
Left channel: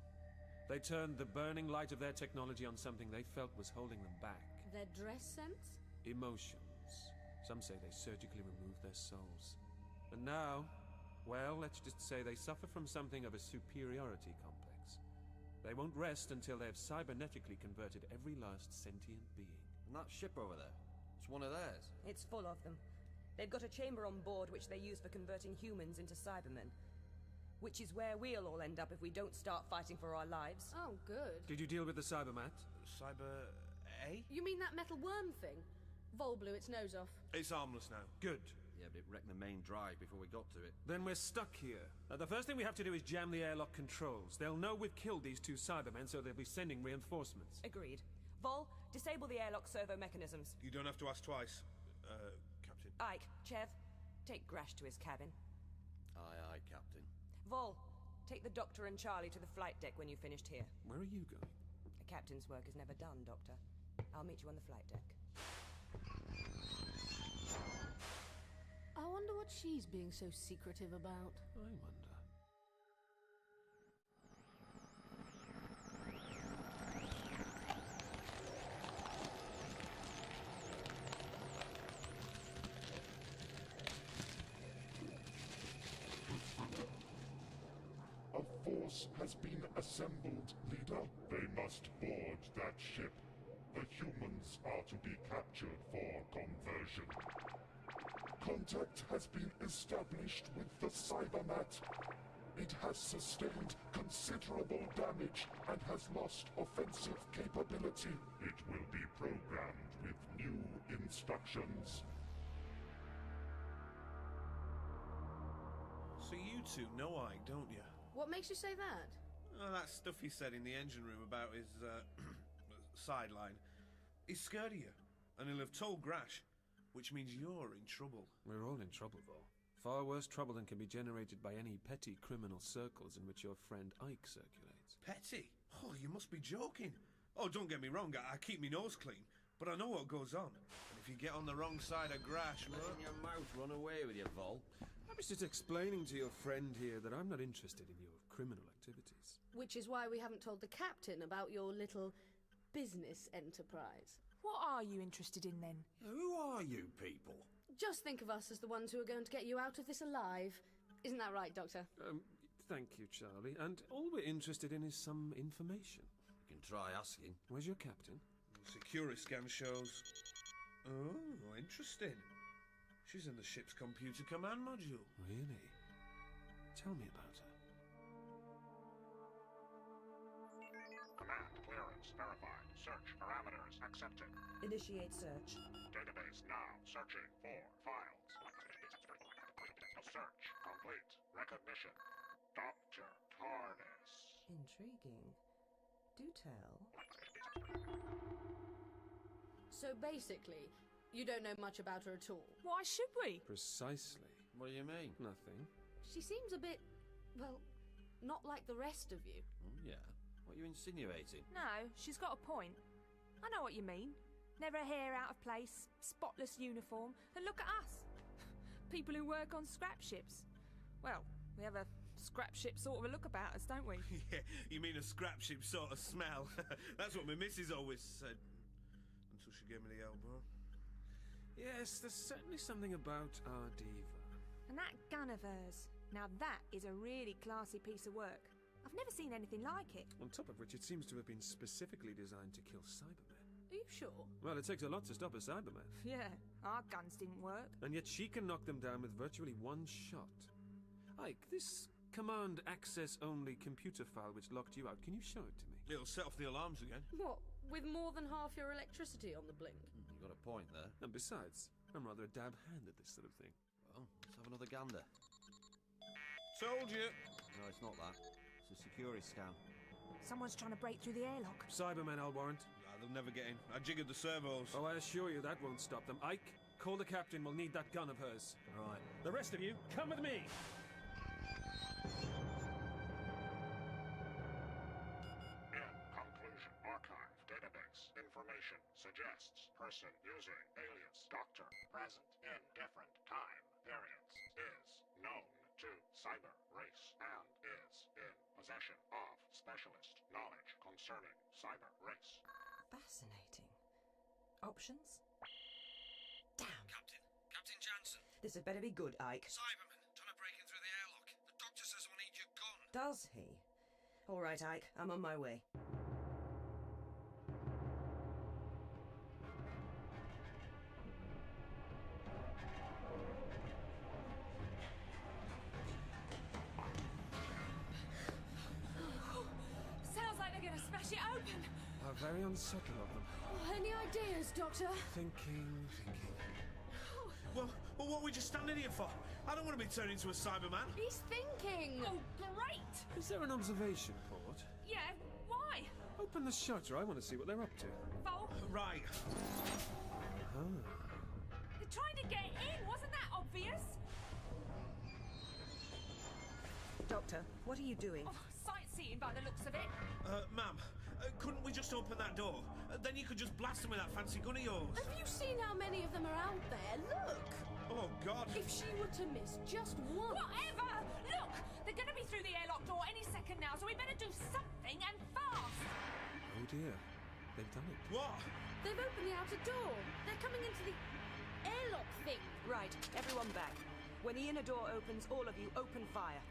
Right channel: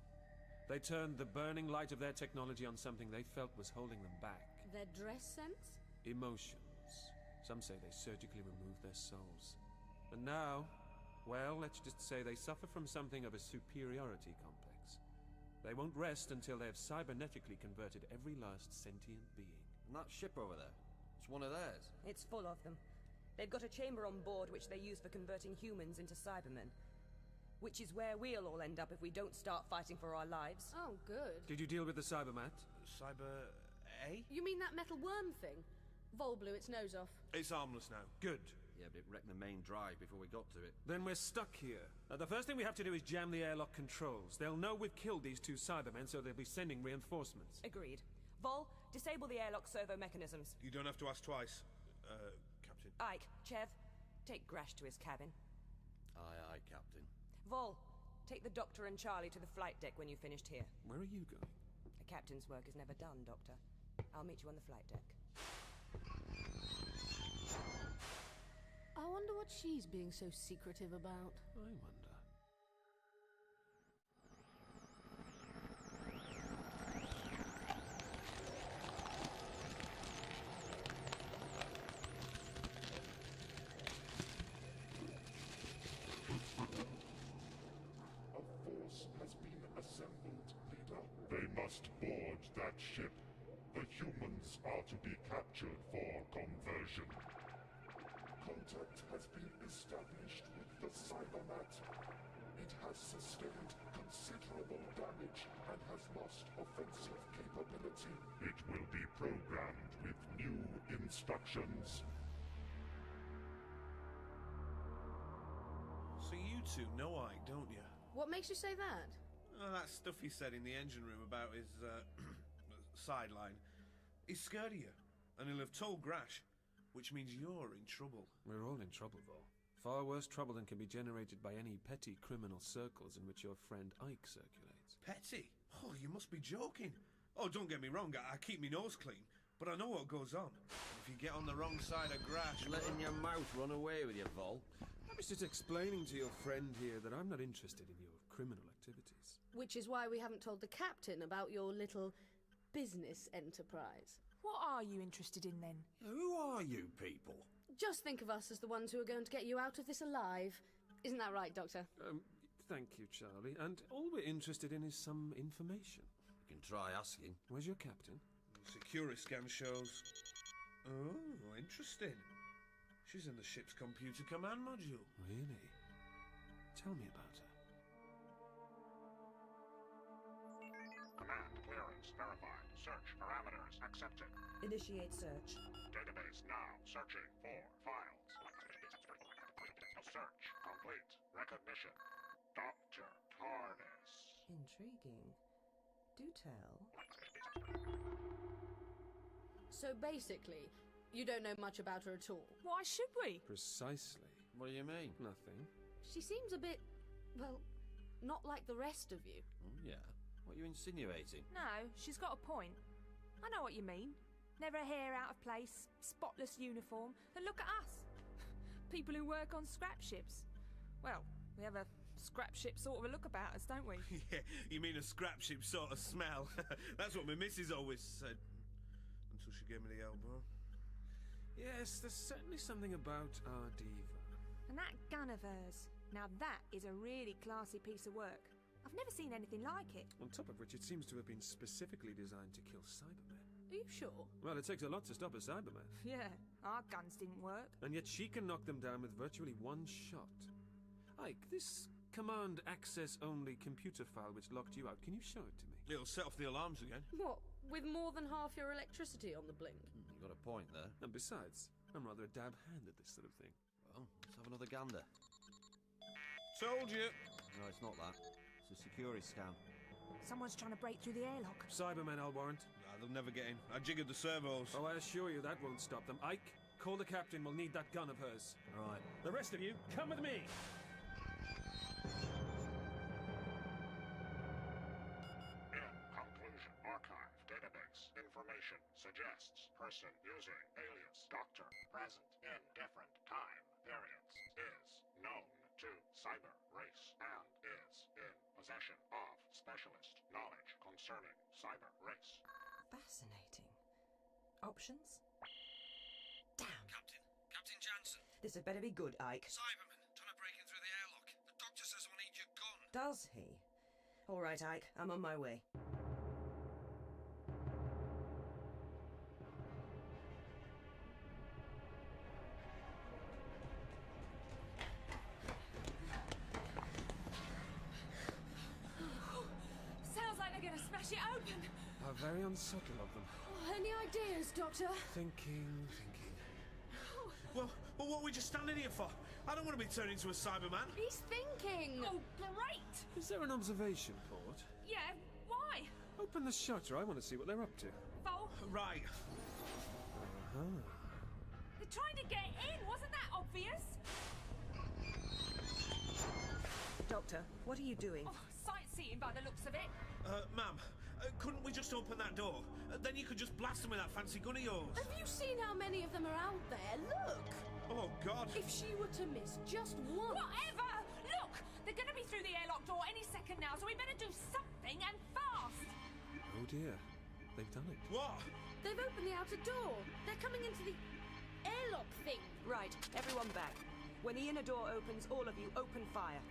They turned the burning light of their technology on something they felt was holding them back. Their dress sense? Emotions. Some say they surgically removed their souls. And now, well, let's just say they suffer from something of a superiority complex. They won't rest until they have cybernetically converted every last sentient being. And that ship over there, it's one of theirs. It's full of them. They've got a chamber on board which they use for converting humans into Cybermen. Which is where we'll all end up if we don't start fighting for our lives. Oh, good. Did you deal with the Cybermat? Cyber... A? You mean that metal worm thing? Vol blew its nose off. It's harmless now. Good. Yeah, but it wrecked the main drive before we got to it. Then we're stuck here. The first thing we have to do is jam the airlock controls. They'll know we've killed these two Cybermen, so they'll be sending reinforcements. Agreed. Vol, disable the airlock servo mechanisms. You don't have to ask twice, Captain. Ike, Chev, take Grash to his cabin. Aye, aye, Captain. Vol, take the Doctor and Charlie to the flight deck when you've finished here. Where are you going? A captain's work is never done, Doctor. I'll meet you on the flight deck. I wonder what she's being so secretive about. I wonder. A force has been assembled, leader. They must board that ship. The humans are to be captured for conversion. Contact has been established with the Cybermat. It has sustained considerable damage and has lost offensive capability. It will be programmed with new instructions. So you two know Ike, don't you? What makes you say that? Oh, that stuff he said in the engine room about his, sideline. He's scared of you, and he'll have told Grash, which means you're in trouble. We're all in trouble, Vol. Far worse trouble than can be generated by any petty criminal circles in which your friend Ike circulates. Petty? Oh, you must be joking. Oh, don't get me wrong, I keep my nose clean, but I know what goes on. And if you get on the wrong side of Grash... Letting your mouth run away with you, Vol. I was just explaining to your friend here that I'm not interested in your criminal activities. Which is why we haven't told the captain about your little business enterprise. What are you interested in, then? Who are you people? Just think of us as the ones who are going to get you out of this alive. Isn't that right, Doctor? Thank you, Charlie. And all we're interested in is some information. You can try asking. Where's your captain? Security scan shows... Oh, interesting. She's in the ship's computer command module. Really? Tell me about her. Command clearance verified. Search parameters accepted. Initiate search. Database now searching for files. Search complete. Recognition. Dr. TARDIS. Intriguing. Do tell. So basically, you don't know much about her at all. Why should we? Precisely. What do you mean? Nothing. She seems a bit, well, not like the rest of you. Oh, yeah. What are you insinuating? No, she's got a point. I know what you mean. Never a hair out of place, spotless uniform, and look at us. People who work on scrap ships. Well, we have a scrap ship sort of a look about us, don't we? Yeah, you mean a scrap ship sort of smell. That's what my missus always said. Until she gave me the elbow. Yes, there's certainly something about our diva. And that gun of hers. Now that is a really classy piece of work. I've never seen anything like it. On top of which it seems to have been specifically designed to kill Cybermen. Are you sure? Well, it takes a lot to stop a Cyberman. Yeah, our guns didn't work. And yet she can knock them down with virtually one shot. Ike, this command access only computer file which locked you out, can you show it to me? It'll set off the alarms again. What, with more than half your electricity on the blink? You got a point there. And besides, I'm rather a dab hand at this sort of thing. Well, let's have another gander. Told you. No, it's not that. It's a security scan. Someone's trying to break through the airlock. Cybermen, I'll warrant. Nah, they'll never get in. I jiggered the servos. Oh, I assure you that won't stop them. Ike, call the captain. We'll need that gun of hers. Right. The rest of you, come with me. In conclusion, archive database information suggests person using alien cyber race and is in possession of specialist knowledge concerning cyber race. Fascinating. Options? Damn. Captain Jansen. This had better be good, Ike. Cyberman, trying to break in through the airlock. The doctor says we'll need your gun. Does he? All right, Ike. I'm on my way. Sounds like they're gonna smash it open. How very unsubtle of them. Oh, any ideas, Doctor? Thinking. Well, what are we just standing here for? I don't want to be turned into a Cyberman. He's thinking. Oh, great. Is there an observation port? Yeah, why? Open the shutter, I want to see what they're up to. Vol, Right. they're trying to get in. Wasn't that obvious? Doctor, what are you doing? Oh, sightseeing by the looks of it. Ma'am, couldn't we just open that door? Then you could just blast them with that fancy gun of yours. Have you seen how many of them are out there? Look! Oh, God. If she were to miss just one... Whatever! Look! They're going to be through the airlock door any second now, so we better do something and fast! Oh dear, they've done it. What? They've opened the outer door. They're coming into the airlock thing. Right, everyone back. When the inner door opens, all of you open fire.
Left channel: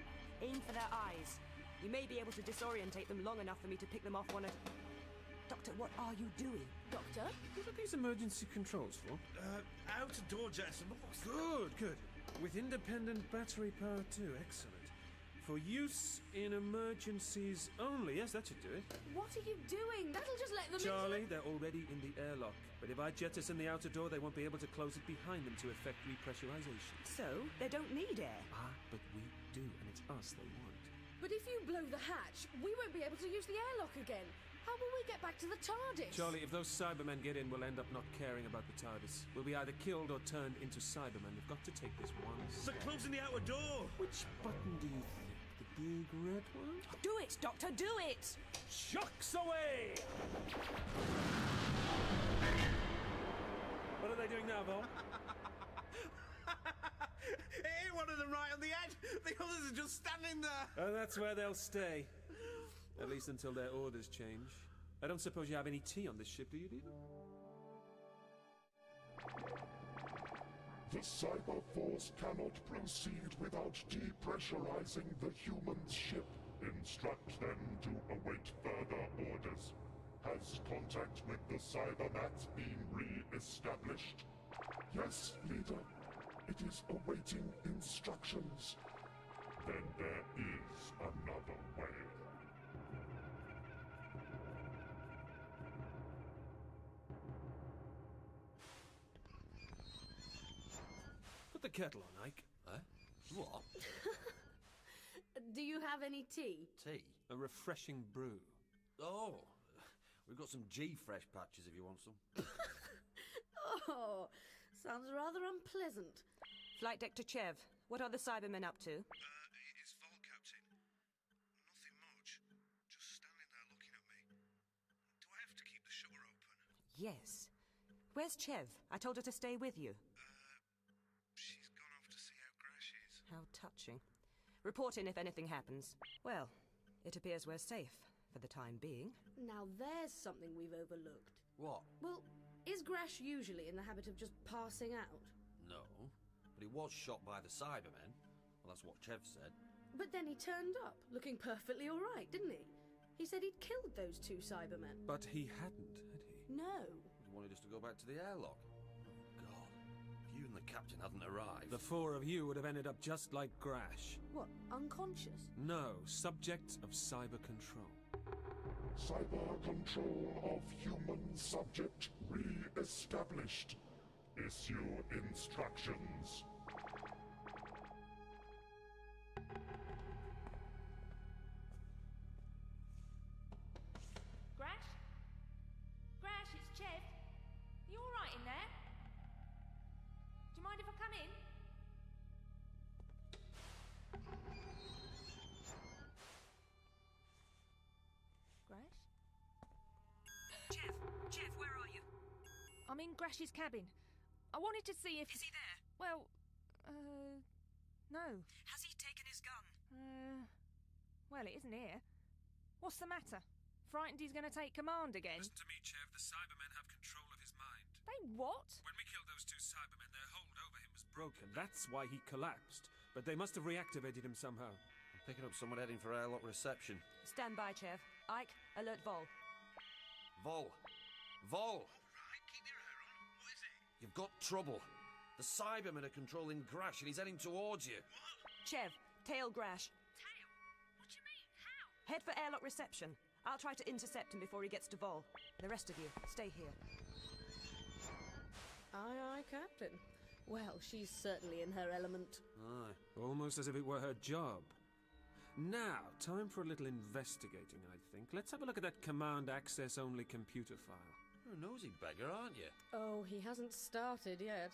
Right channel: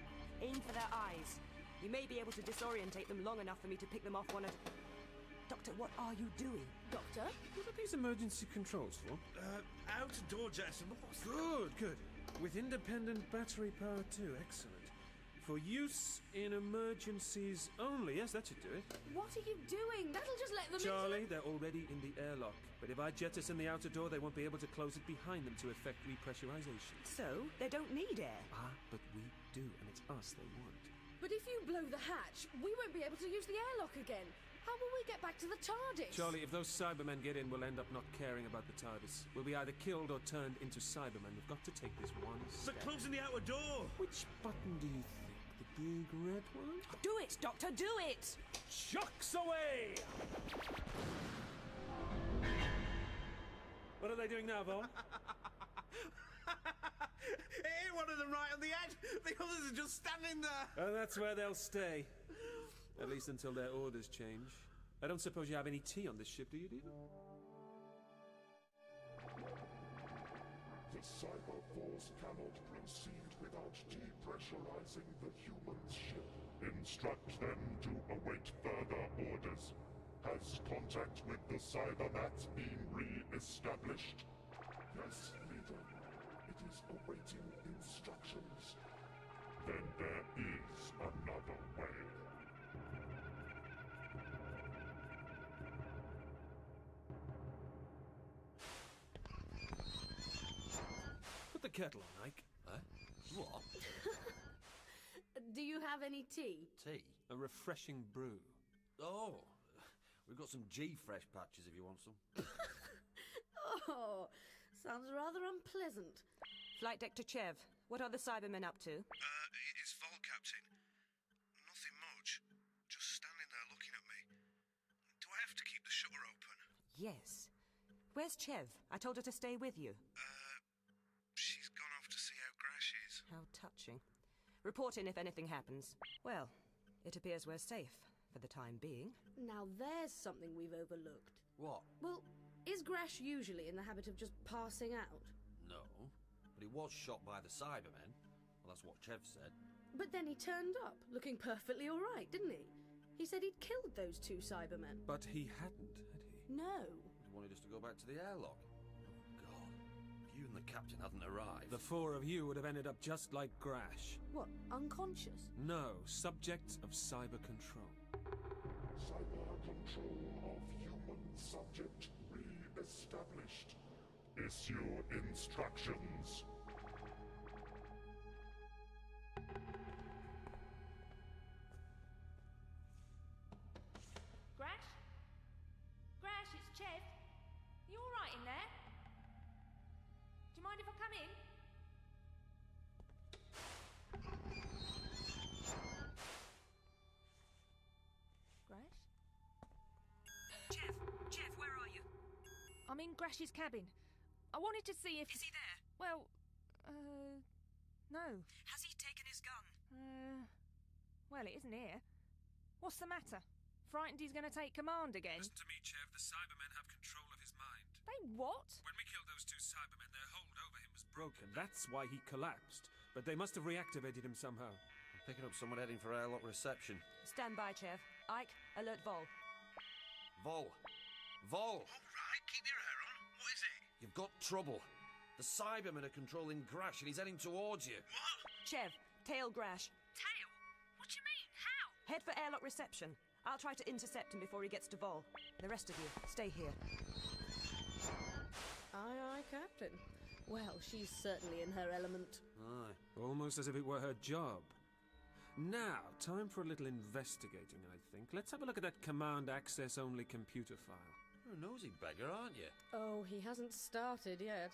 Aim for their eyes. You may be able to disorientate them long enough for me to pick them off one at... Doctor, what are you doing? Doctor? What are these emergency controls for? Outer door, Jackson. Good. With independent battery power too, excellent. For use in emergencies only. Yes, that should do it. What are you doing? That'll just let them Charlie, they're already in the airlock. But if I jettison the outer door, they won't be able to close it behind them to effect repressurization. So, they don't need air. Ah, but we do, and it's us they want. But if you blow the hatch, we won't be able to use the airlock again. How will we get back to the TARDIS? Charlie, if those Cybermen get in, we'll end up not caring about the TARDIS. We'll be either killed or turned into Cybermen. We've got to take this one step. But closing the outer door! Which button do you think? The big red one? Do it, Doctor, do it! Chucks away! What are they doing now, Vol? It hit one of them right on the head. The others are just standing there. And that's where they'll stay. At least until their orders change. I don't suppose you have any tea on this ship, do you, Dean? The Cyber Force cannot proceed without depressurizing the human ship. Instruct them to await further orders. Has contact with the Cybermats been re-established? Yes, leader. It is awaiting instructions. Then there is another way. Put the kettle on, Ike. What? Do you have any tea? Tea? A refreshing brew. Oh, we've got some G-Fresh patches if you want some. Oh, sounds rather unpleasant. Flight Deck to Chev. What are the Cybermen up to? It's Vol, Captain. Nothing much. Just standing there looking at me. Do I have to keep the shutter open? Yes. Where's Chev? I told her to stay with you. She's gone off to see how Grash is. How touching. Report in if anything happens. Well, it appears we're safe, for the time being. Now there's something we've overlooked. What? Well, is Grash usually in the habit of just passing out? No, but he was shot by the Cybermen. Well, that's what Chev said. But then he turned up, looking perfectly all right, didn't he? He said he'd killed those 2 Cybermen. But he hadn't, had he? No. He wanted us to go back to the airlock. Oh, God. If you and the captain hadn't arrived... The 4 of you would have ended up just like Grash. What, unconscious? No, subjects of cyber control. Cyber control of human subject re-established. Issue instructions. Grash? Grash, it's Chev. You all right in there? Do you mind if I come in? Grash? Chev, where are you? I'm in Grash's cabin. I wanted to see if... Is he there? Well, no. Has he taken his gun? Well, it isn't here. What's the matter? Frightened he's going to take command again? Listen to me, Chev. The Cybermen have control of his mind. They what? When we killed those 2 Cybermen, their hold over him was broken. That's why he collapsed. But they must have reactivated him somehow. I'm picking up someone heading for airlock reception. Stand by, Chev. Ike, alert Vol. Vol! Vol! All right, keep your hair on. What is it? You've got trouble. The Cybermen are controlling Grash and he's heading towards you. What? Chev, tail Grash. Tail? What do you mean? How? Head for airlock reception. I'll try to intercept him before he gets to Vol. The rest of you, stay here. Aye, aye, Captain. Well, she's certainly in her element. Aye. Almost as if it were her job. Now, time for a little investigating, I think. Let's have a look at that command access only computer file. You're a nosy beggar, aren't you? Oh, he hasn't started yet.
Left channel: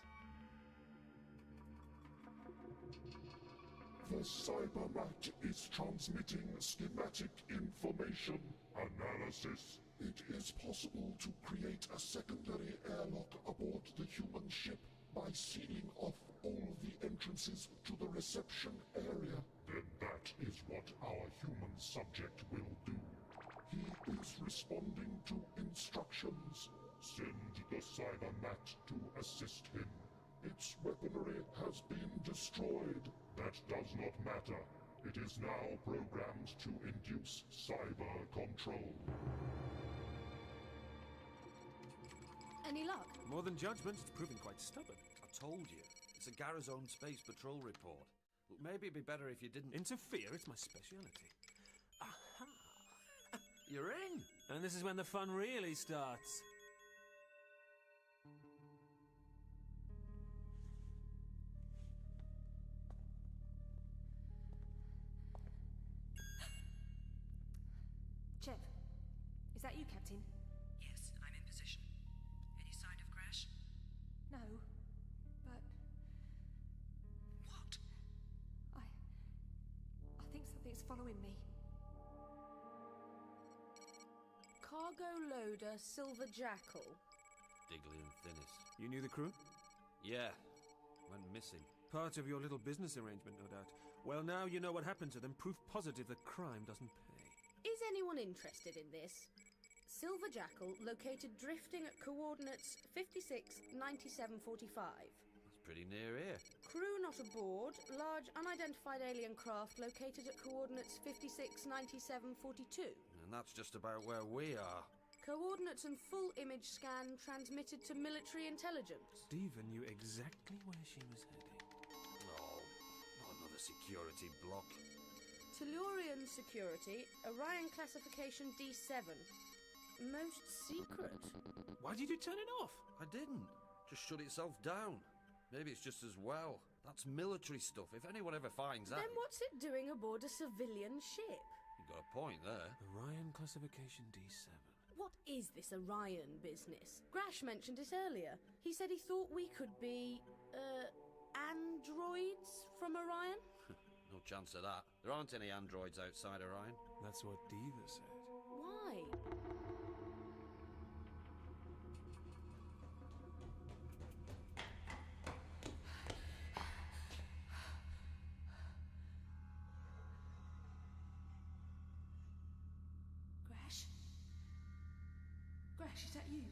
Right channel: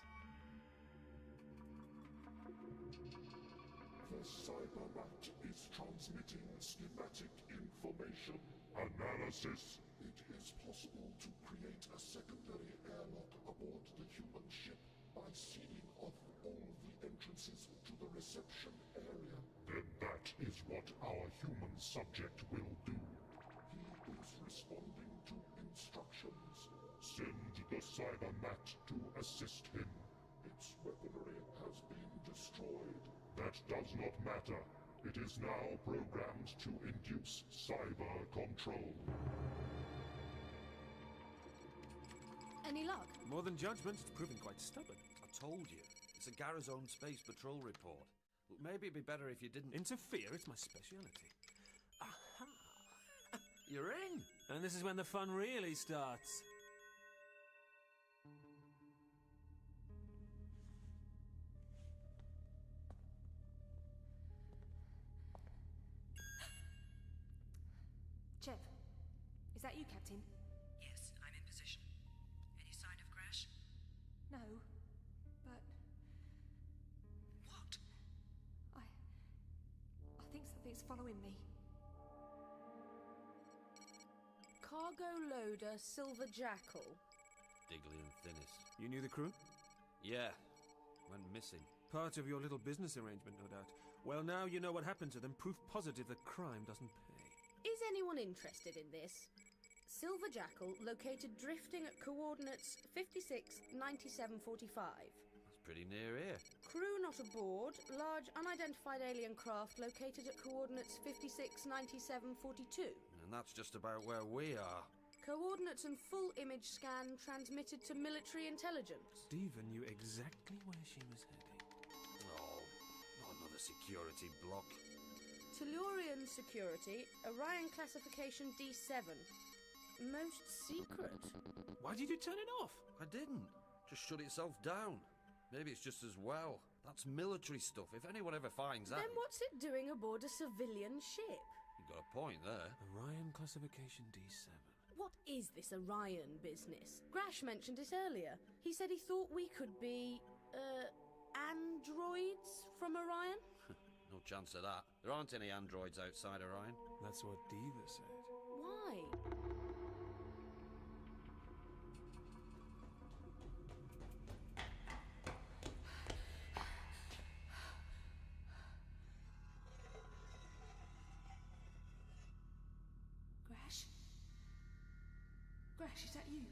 The Cybermat is transmitting schematic information. Analysis. It is possible to create a secondary airlock aboard the human ship by sealing off all the entrances to the reception area. Then that is what our human subject will do. He is responding to instructions. Send the Cybermat to assist him. Its weaponry has been destroyed. That does not matter. It is now programmed to induce cyber control. Any luck? More than judgment, it's proving quite stubborn. I told you. It's a Garazone Space Patrol report. Look, maybe it'd be better if you didn't... Interfere, it's my speciality. Aha! You're in! And this is when the fun really starts. Chev, is that you, Captain? Yes, I'm in position. Any sign of Grash? No, but... What? I think something's following me. Cargo loader Silver Jackal. Diggly and Thinnis. You knew the crew? Yeah. Went missing. Part of your little business arrangement, no doubt. Well, now you know what happened to them. Proof positive that crime doesn't pay. Is anyone interested in this? Silver Jackal located drifting at coordinates 56, 97, 45. That's pretty near here. Crew not aboard. Large unidentified alien craft located at coordinates 56, 97, 42. And that's just about where we are. Coordinates and full image scan transmitted to military intelligence. Steven knew exactly where she was heading. Oh, not another security block. Tellurian security, Orion classification D7. Most secret. Why did you turn it off? I didn't. Just shut itself down. Maybe it's just as well. That's military stuff. If anyone ever finds out... Then what's it doing aboard a civilian ship? You've got a point there. Orion classification D7. What is this Orion business? Grash mentioned it earlier. He said he thought we could be, androids from Orion? No chance of that. There aren't any androids outside Orion. That's what Diva said. Why? Grash? Grash, is that you?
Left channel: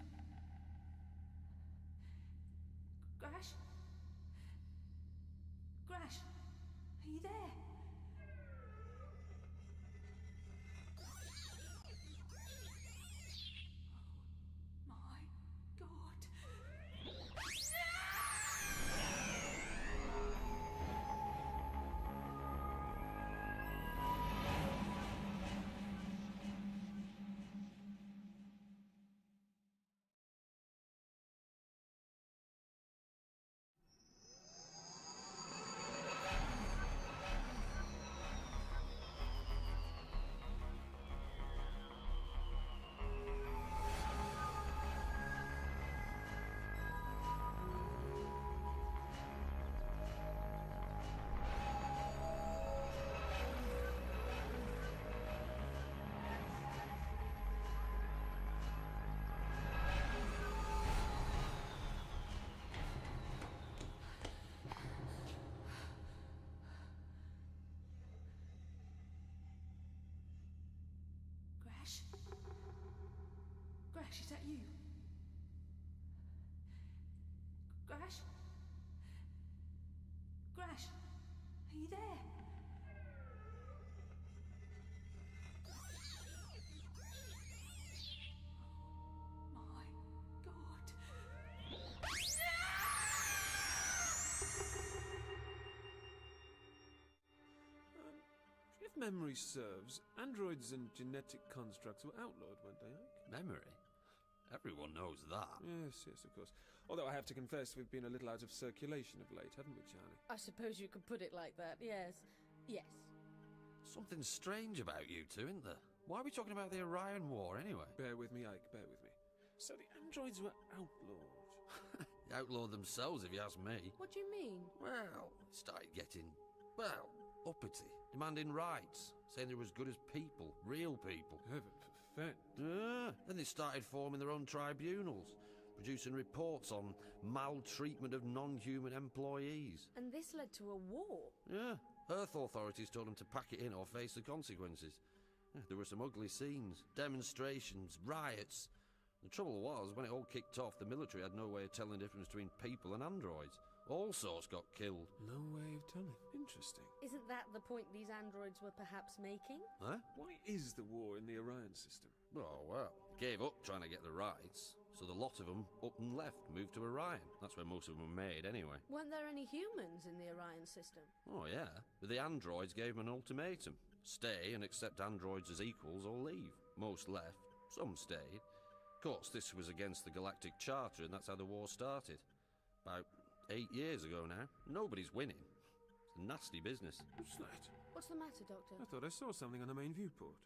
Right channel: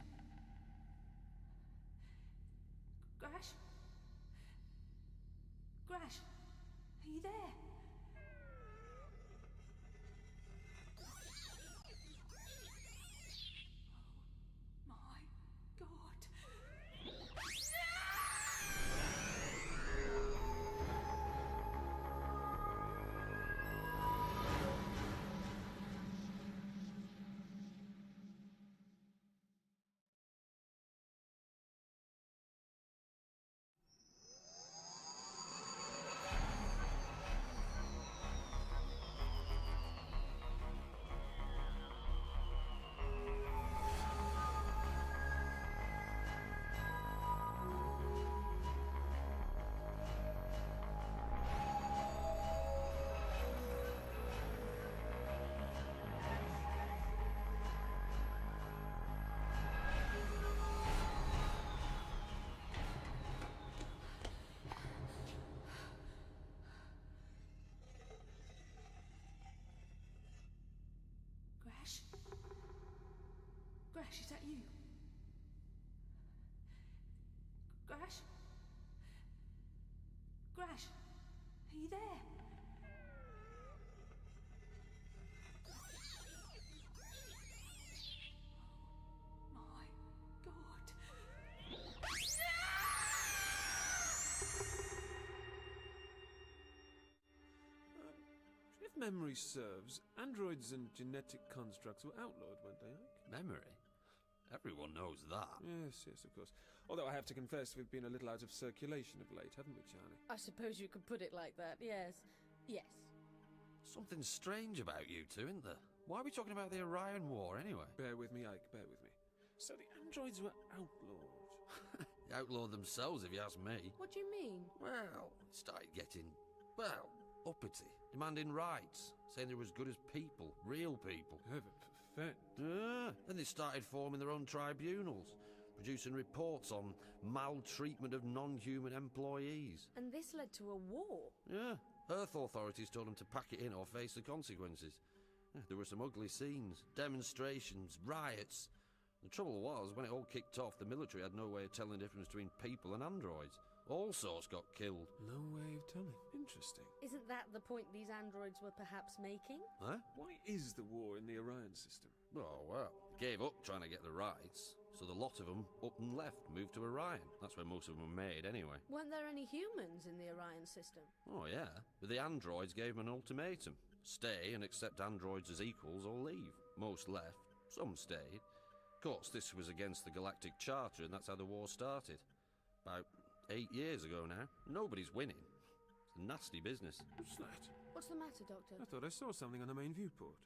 Grash? Grash? Are you there? Oh my God. Grash, is that you? Grash? Grash, are you there? Oh my God. If memory serves, androids and genetic constructs were outlawed, weren't they, Ike? Memory? Everyone knows that. Yes, yes, of course. Although I have to confess we've been a little out of circulation of late, haven't we, Charlie? I suppose you could put it like that, yes. Yes. Something strange about you two, isn't there? Why are we talking about the Orion War, anyway? Bear with me, Ike, bear with me. So the androids were outlawed. They outlawed themselves, if you ask me. What do you mean? Well, it started getting, well, uppity, demanding rights, saying they were as good as people, real people. Then they started forming their own tribunals, producing reports on maltreatment of non-human employees. And this led to a war? Yeah. Earth authorities told them to pack it in or face the consequences. There were some ugly scenes, demonstrations, riots. The trouble was, when it all kicked off, the military had no way of telling the difference between people and androids. All sorts got killed. No way of telling. Interesting. Isn't that the point these androids were perhaps making? Huh? Why is the war in the Orion system? Oh, well, they gave up trying to get the rights, so the lot of them up and left moved to Orion. That's where most of them were made, anyway. Weren't there any humans in the Orion system? Oh, yeah. But the androids gave them an ultimatum. Stay and accept androids as equals or leave. Most left. Some stayed. Of course, this was against the Galactic Charter, and that's how the war started. About 8 years ago now. Nobody's winning. It's a nasty business. Slat. What's the matter, Doctor? I thought I saw something on the main viewport.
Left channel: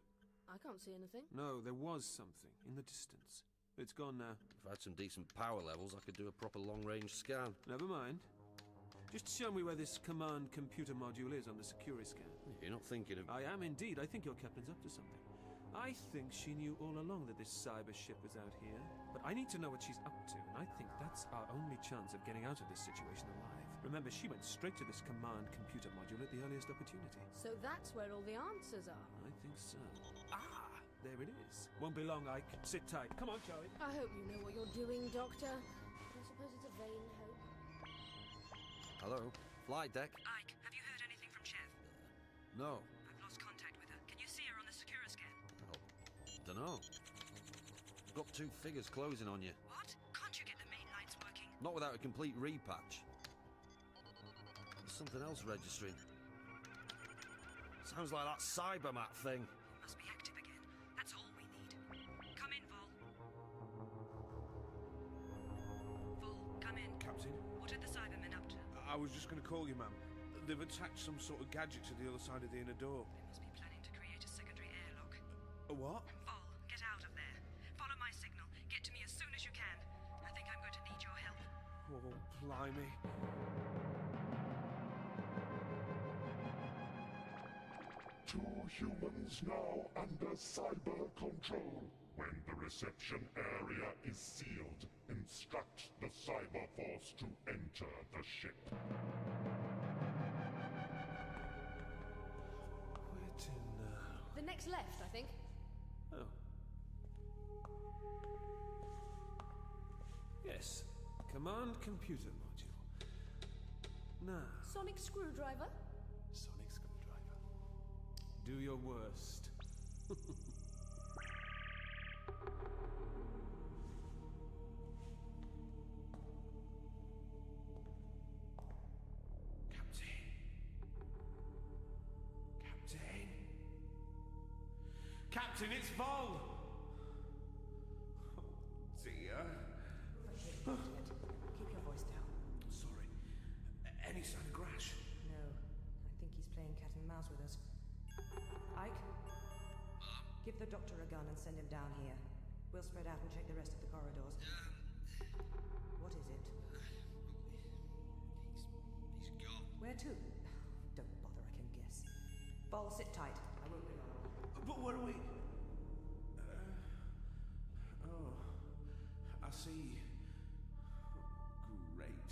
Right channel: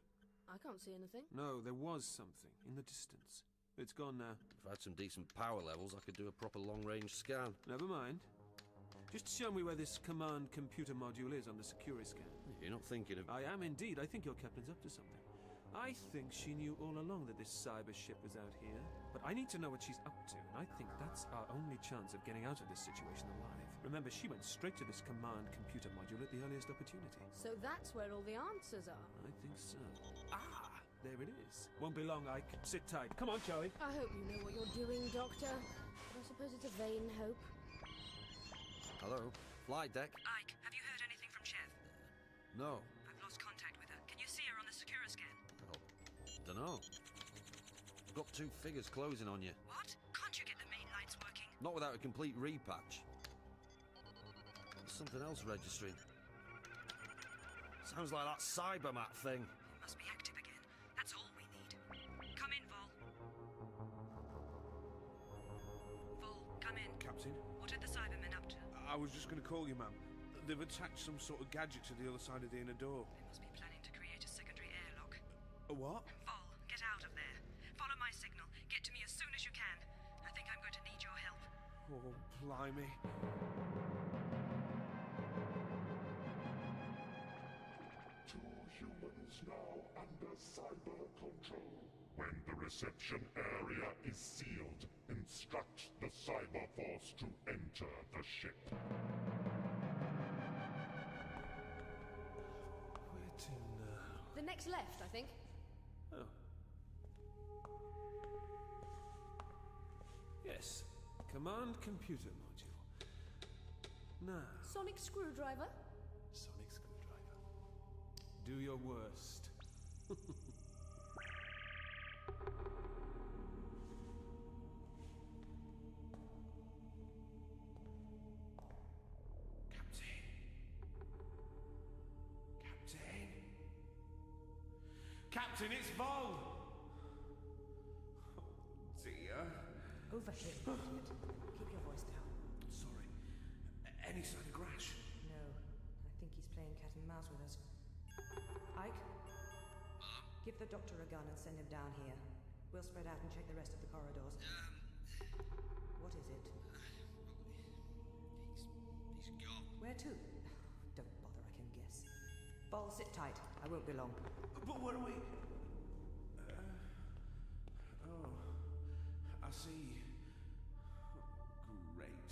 I can't see anything. No, there was something in the distance. It's gone now. If I had some decent power levels, I could do a proper long-range scan. Never mind. Just show me where this command computer module is on the security scan. You're not thinking of... I am indeed. I think your captain's up to something. I think she knew all along that this cyber ship was out here. But I need to know what she's up to, and I think that's our only chance of getting out of this situation alive. Remember, she went straight to this command computer module at the earliest opportunity. So that's where all the answers are? I think so. Ah! There it is. Won't be long, Ike. Sit tight. Come on, Charlie. I hope you know what you're doing, Doctor. But I suppose it's a vain hope. Hello? Flight deck? Ike, have you heard anything from Chev? No. I've lost contact with her. Can you see her on the Secura scan? Oh, dunno. I've got 2 figures closing on you. What? Can't you get the main lights working? Not without a complete repatch. There's something else registering. Sounds like that cybermat thing. It must be active again. That's all we need. Come in, Vol. Vol, come in. Captain? What are the Cybermen up to? I was just going to call you, ma'am. They've attached some sort of gadget to the other side of the inner door. They must be planning to create a secondary airlock. A what? Vol, get out of there. Follow my signal. Get to me as soon as you can. I think I'm going to need your help. Oh, blimey. Two humans now under cyber control. When the reception area is sealed, instruct the cyber force to enter the ship. Where to now? The next left, I think. Oh. Yes. Command computer module. Now. Sonic screwdriver? Sonic screwdriver. Do your worst. Captain, it's Vol! Oh, dear. Over here, idiot. Keep your voice down. Sorry. Any sign of Grash? No. I think he's playing cat and mouse with us. Ike? Give the doctor a gun and send him down here. We'll spread out and check the rest of the corridors. What is it? He's gone. Where to? Don't bother, I can guess. Vol, sit tight. I won't be long. But where are we? Oh, I see. Great.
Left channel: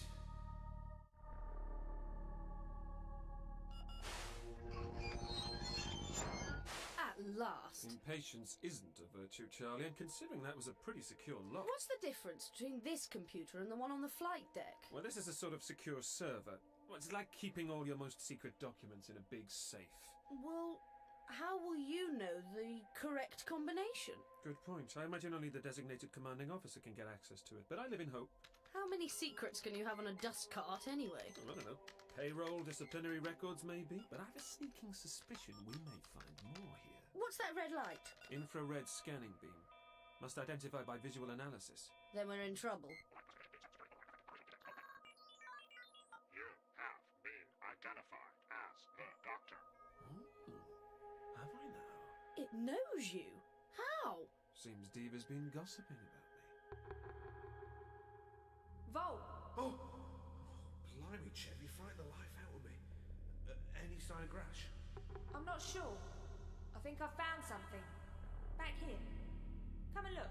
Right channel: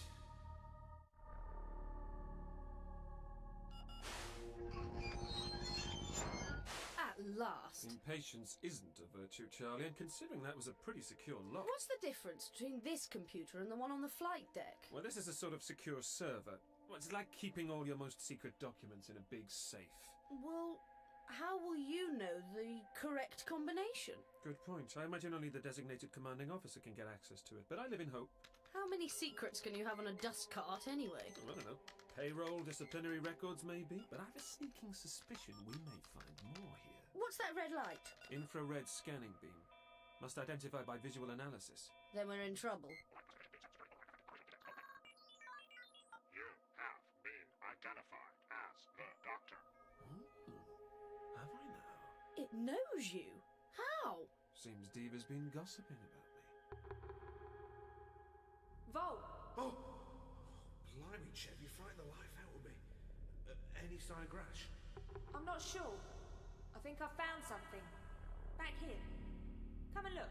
At last. Impatience isn't a virtue, Charlie, and considering that was a pretty secure lock... What's the difference between this computer and the one on the flight deck? Well, this is a sort of secure server. Well, it's like keeping all your most secret documents in a big safe. Well, how will you know the correct combination? Good point. I imagine only the designated commanding officer can get access to it, but I live in hope. How many secrets can you have on a dust cart anyway? Well, I don't know. Payroll, disciplinary records, maybe, but I have a sneaking suspicion we may find more here. What's that red light? Infrared scanning beam. Must identify by visual analysis. Then we're in trouble. You have been identified as the Doctor. Have I now? It knows you. How? Seems Diva's been gossiping about me. Vol! Oh! Blimey, Chev, you frightened the life out of me. Any sign of Grash? I'm not sure. I think I found something. Back here. Come and look.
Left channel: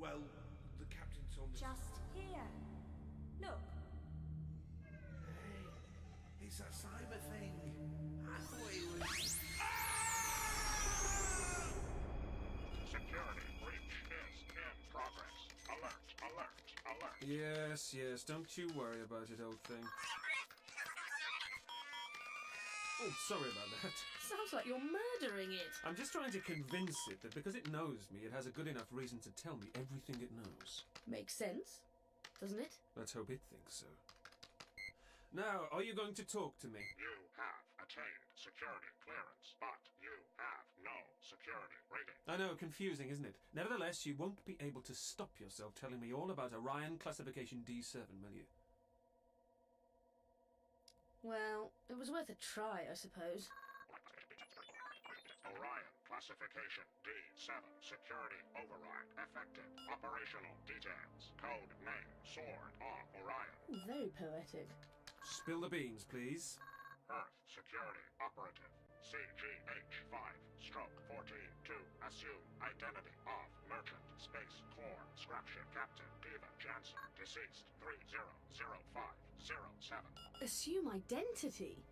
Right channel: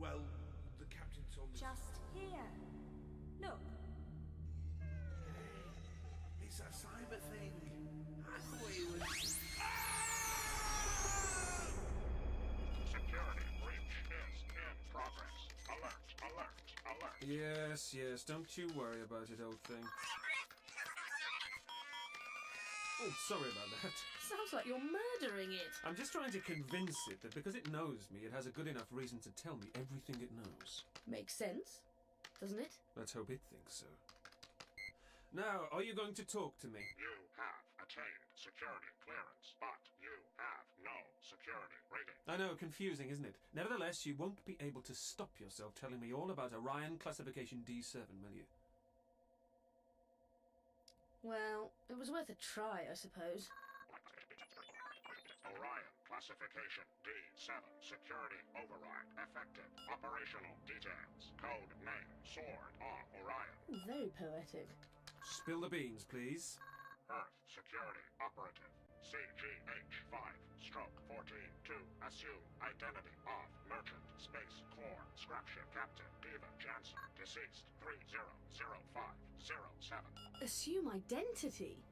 Well, the captain told me... Just here. Look. Hey, it's that cyber thing. I thought it was... Security breach is in progress. Alert, alert, alert. Yes, yes, don't you worry about it, old thing. Oh, sorry about that. Sounds like you're murdering it. I'm just trying to convince it that because it knows me, it has a good enough reason to tell me everything it knows. Makes sense, doesn't it? Let's hope it thinks so. Now, are you going to talk to me? You have attained security clearance, but you have no security rating. I know, confusing, isn't it? Nevertheless, you won't be able to stop yourself telling me all about Orion Classification D7, will you? Well, it was worth a try, I suppose. Orion Classification D7 Security Override effective. Operational details. Code name Sword of Orion. Very poetic. Spill the beans, please. Earth Security Operative. CGH-5/14 to assume identity of Merchant Space Corps Scrapship Captain Diva Jansen, deceased 300507. Assume identity?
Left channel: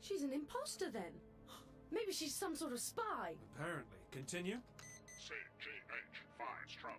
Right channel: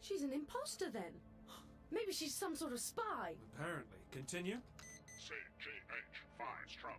She's an imposter then. Maybe she's some sort of spy. Apparently. Continue. CGH-5/14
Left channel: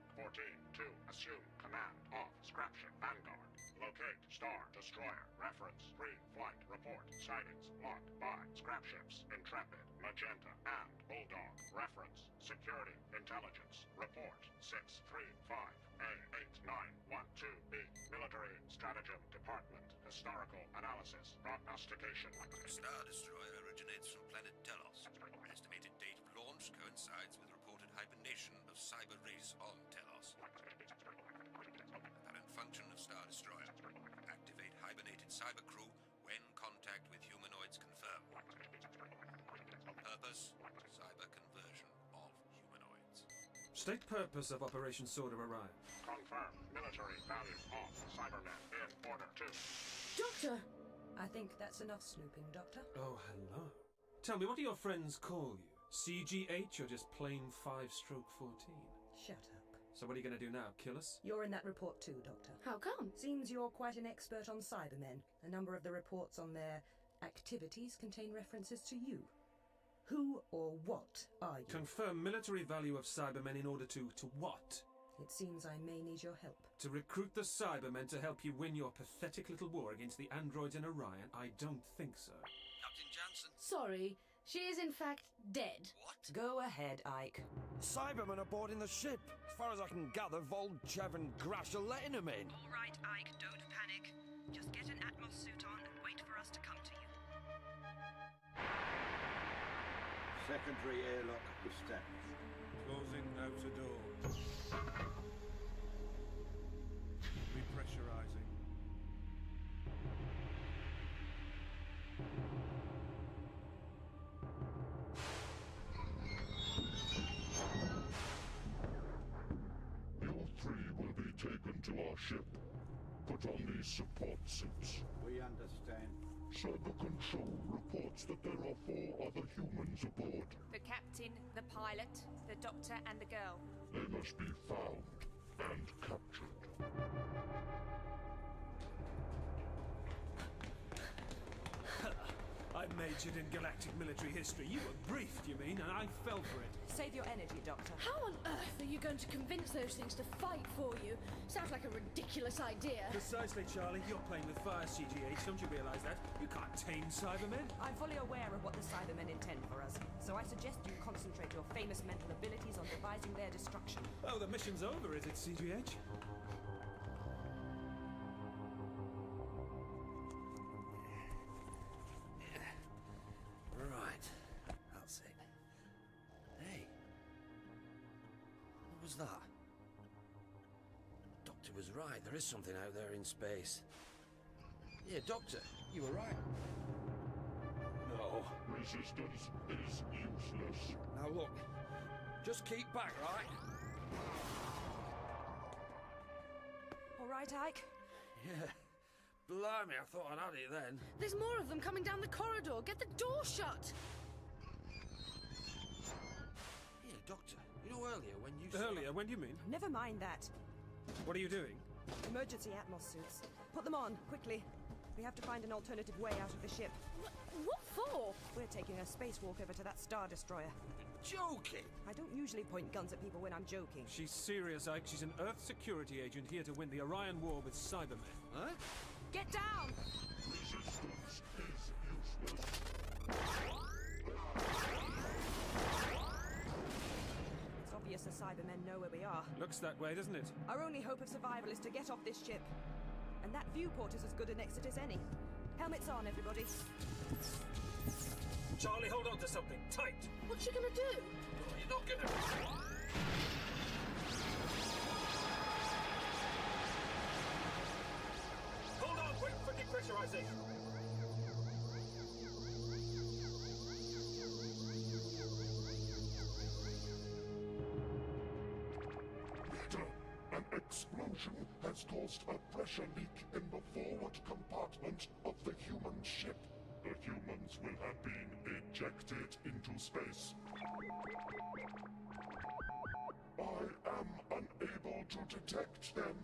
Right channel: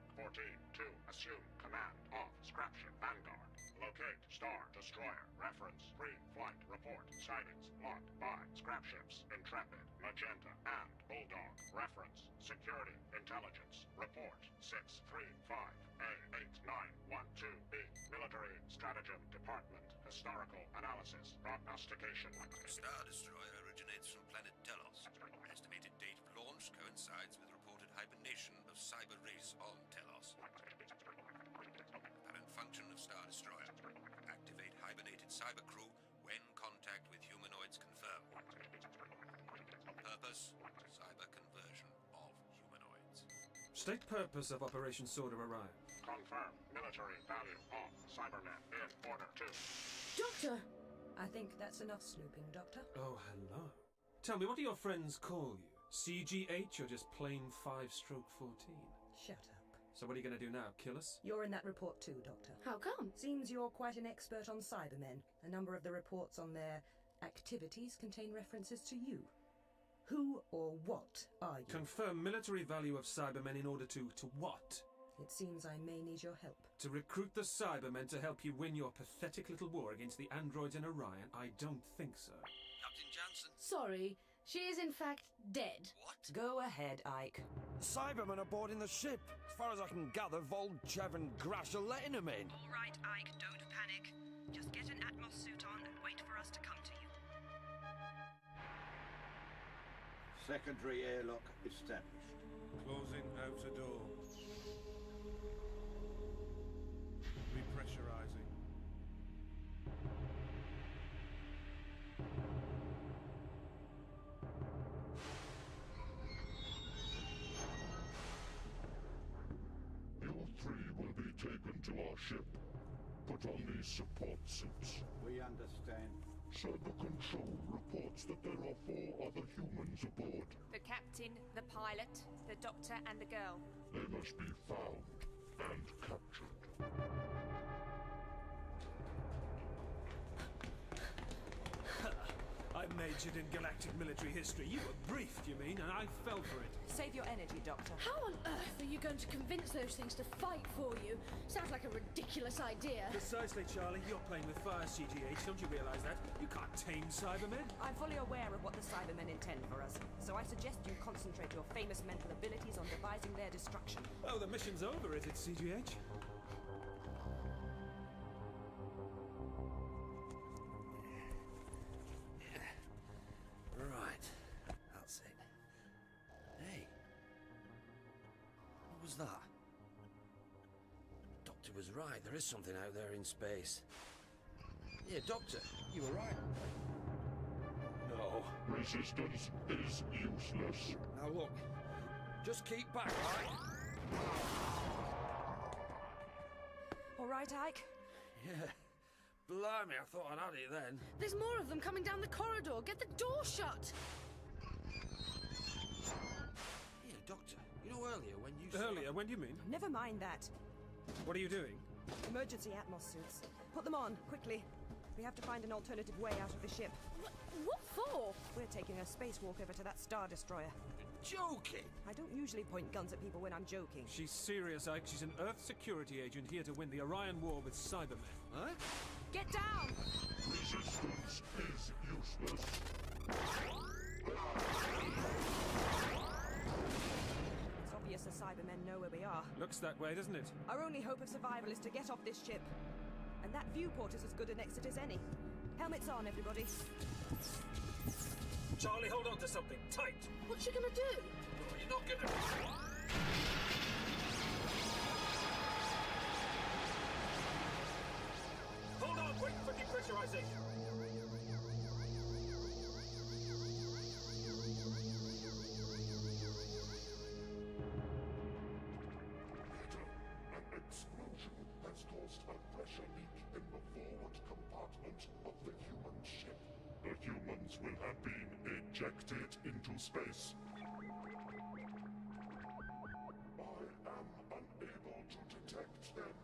to assume command of Scrapship Vanguard. Locate Star Destroyer. Reference pre-flight report. Sightings logged by Scrapships Intrepid, Magenta, and Bulldog. Reference Security Intelligence Report 635A8912B. Military Stratagem Department. Historical Analysis. Prognostication. Star Destroyer originates from planet Telos. Estimated date of launch coincides with reported hibernation of cyber race on Telos. Apparent function of Star Destroyer. Activate hibernated cyber crew when contact with humanoids confirmed. Purpose, cyber conversion of humanoids. State purpose of Operation Sword of Orion. Confirm military value of Cybermen in order to... Doctor! I think that's enough snooping, Doctor. Oh, hello. Tell me, what do your friends call you? CGH or just plain 5/14? Shut up. So what are you going to do now, kill us? You're in that report too, Doctor. How come? Seems you're quite an expert on Cybermen. A number of the reports on their activities contain references to you. Who or what are you? Confirm military value of Cybermen in order to what? It seems I may need your help. To recruit the Cybermen to help you win your pathetic little war against the androids in Orion? I don't think so. Captain Jansen. Sorry, she is in fact dead. What? Go ahead, Ike. Cybermen are boarding the ship. As far as I can gather, Vol, Chev and Grash are letting them in. All right, Ike, don't panic. Just get an Atmos suit on and wait for us to come to you. Secondary airlock established. Closing outer door. Repressurizing. You three will be taken to our ship. Put on these support suits. We understand. Cyber Control reports that there are 4 other humans aboard. The captain, the pilot, the doctor, and the girl. They must be found and captured. I I majored in galactic military history. You were briefed, you mean, and I fell for it. Save your energy, Doctor. How on earth are you going to convince those things to fight for you? Sounds like a ridiculous idea. Precisely, Charlie. You're playing with fire, CGH. Don't you realise that? You can't tame Cybermen. I'm fully aware of what the Cybermen intend for us, so I suggest you concentrate your famous mental abilities on devising their destruction. Oh, the mission's over, is it, CGH? Right. That's it. Hey. What was that? Doctor was right. There is something out there in space. Yeah, Doctor, you were right. No. Resistance is useless. Now look. Just keep back, right? All right, Ike? Yeah. Blimey, I thought I'd had it then. There's more of them coming down the corridor. Get the door shut. Yeah, Doctor, you know earlier when you said... Earlier? When do you mean? Never mind that. What are you doing? Emergency Atmos suits. Put them on, quickly. We have to find an alternative way out of the ship. What for? We're taking a spacewalk over to that Star Destroyer. Joking? I don't usually point guns at people when I'm joking. She's serious, Ike. She's an Earth security agent here to win the Orion War with Cybermen. Huh? Get down! Resistance is useless. It's obvious the Cybermen know where we are. Looks that way, doesn't it? Our only hope of survival is to get off this ship. And that viewport is as good an exit as any. Helmets on, everybody. Charlie, hold on to something tight. What's she gonna do? No, you're not gonna... Hold on, wait for depressurization. Peter, an explosion has caused a pressure leak in the forward compartment of the human ship. The humans will have been ejected into space. I am unable to detect them.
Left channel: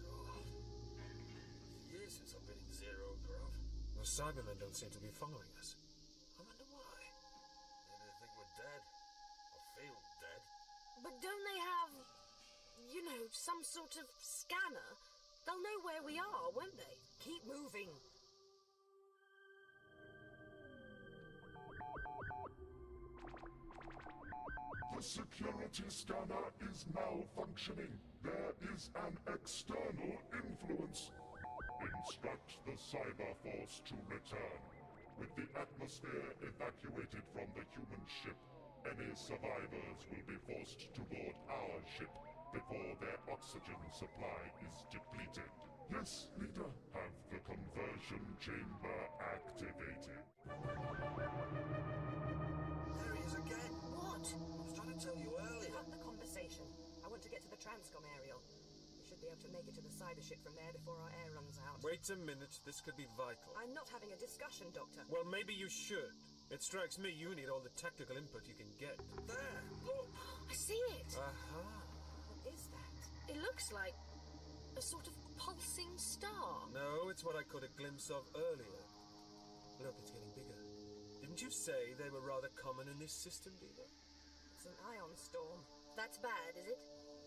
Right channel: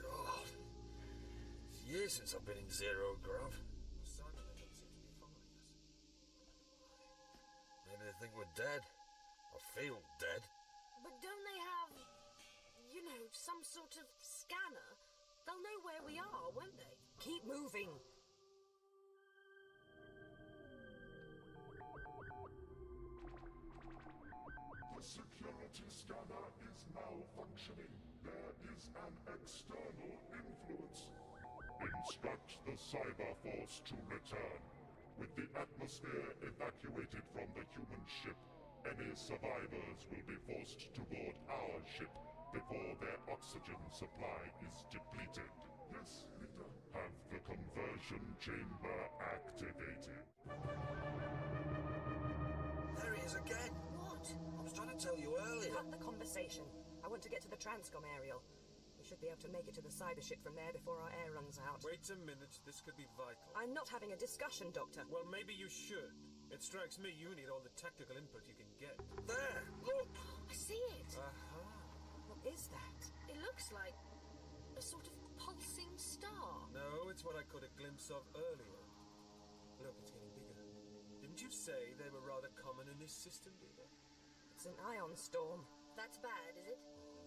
God. It's years since I've been in zero grav. The Cybermen don't seem to be following us. I wonder why. Maybe they think we're dead. Or feel dead. But don't they have, you know, some sort of scanner? They'll know where we are, won't they? Keep moving. The security scanner is malfunctioning. There is an external influence. Instruct the cyber force to return. With the atmosphere evacuated from the human ship, any survivors will be forced to board our ship before their oxygen supply is depleted. Yes, Leader. Have the conversion chamber activated. There he is again. What? I was trying to tell you earlier. Cut the conversation. I want to get to the Transcom aerial. We should be able to make it to the cyber ship from there before our air runs out. Wait a minute, this could be vital. I'm not having a discussion, Doctor. Well, maybe you should. It strikes me you need all the tactical input you can get. There, look! I see it. Aha. What is that? It looks like a sort of pulsing star. No, it's what I caught a glimpse of earlier. Look, it's getting bigger. Didn't you say they were rather common in this system, Diva? It's an ion storm. That's bad, is it?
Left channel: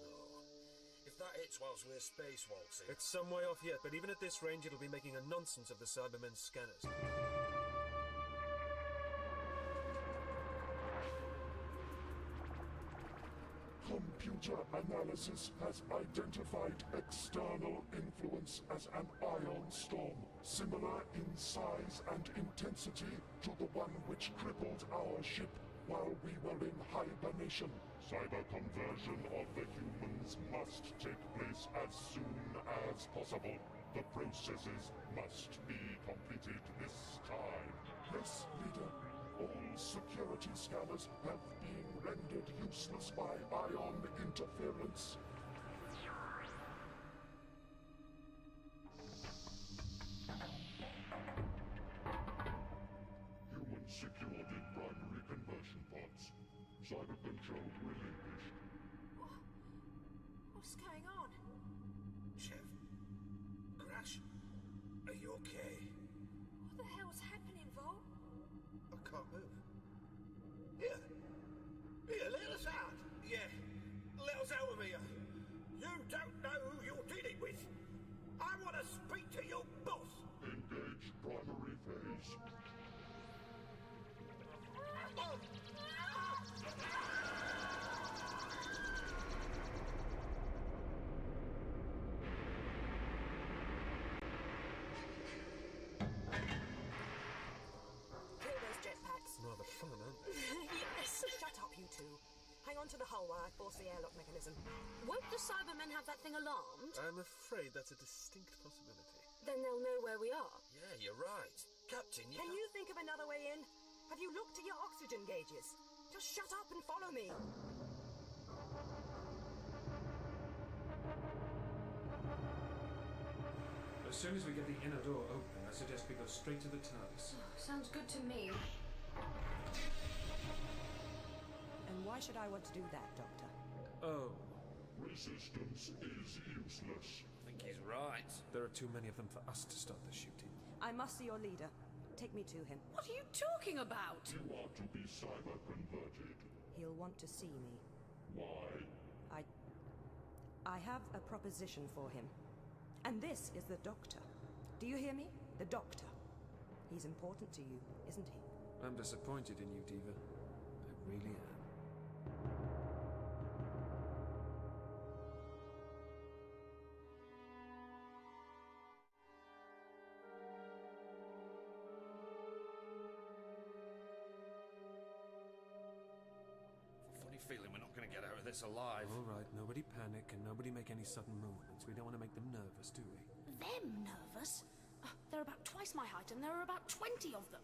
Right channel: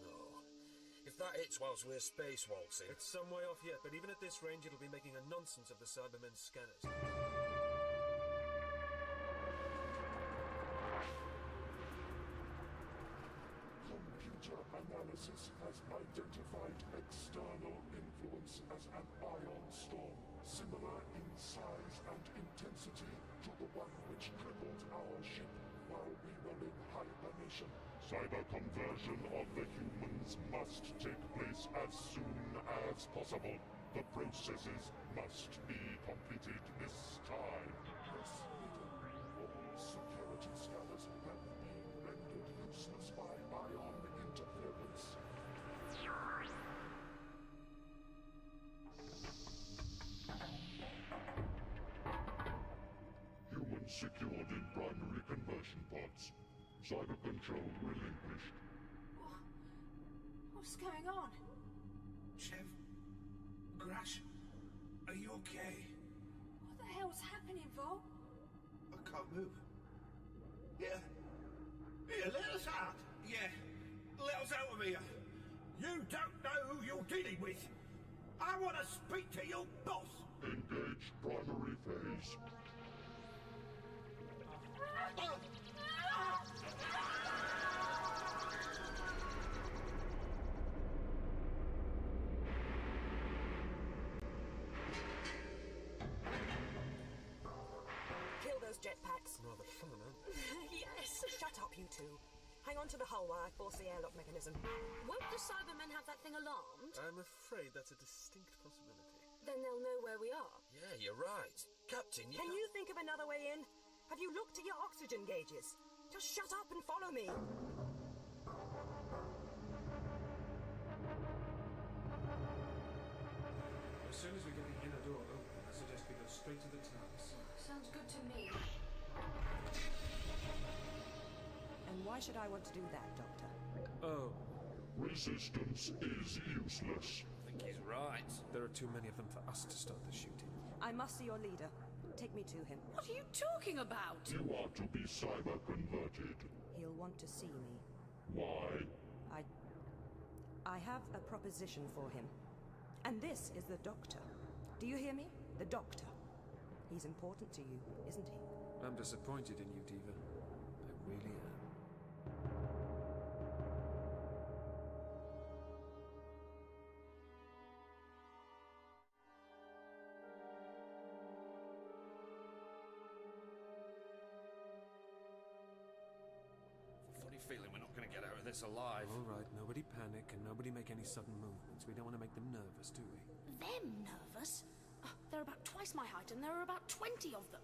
No. If that hits whilst we're spacewaltzing... It's some way off yet, but even at this range it'll be making a nonsense of the Cybermen's scanners. Computer analysis has identified external influence as an ion storm, similar in size and intensity to the one which crippled our ship while we were in hibernation. Cyber conversion of the humans must take place as soon as possible. The processes must be completed this time. Yes, Leader. All security scanners have been rendered useless by ion interference. Humans secured in primary conversion pods. Cyber control relinquished. What's going on? Chev, Grash, are you okay? What the hell's happening, Vol? I can't move. Here, let us out. Yeah, let us out of here. You don't know who you're dealing with. I want to speak to your boss. Engage primary phase. Kill those jetpacks. Rather fun, aren't they? Yes. Shut up, you two. Hang on to the hull while I force the airlock mechanism. Won't the Cybermen have that thing alarmed? I'm afraid that's a distinct possibility. Then they'll know where we are. Yeah, you're right. Captain, Can you think of another way in? Have you looked at your oxygen gauges? Just shut up and follow me. As soon as we get the inner door open, I suggest we go straight to the TARDIS. Sounds good to me. And why should I want to do that, Doctor? Oh. Resistance is useless. I think he's right. There are too many of them for us to start the shooting. I must see your leader. Take me to him. What are you talking about? You are to be cyber-converted. He'll want to see me. Why? I have a proposition for him. And this is the Doctor. Do you hear me? The Doctor. He's important to you, isn't he? I'm disappointed in you, Diva. I really am. Funny feeling we're not going to get out of this alive. All right, nobody panic and nobody make any sudden movements. We don't want to make them nervous, do we? Them nervous? They're about twice my height and there are about 20 of them.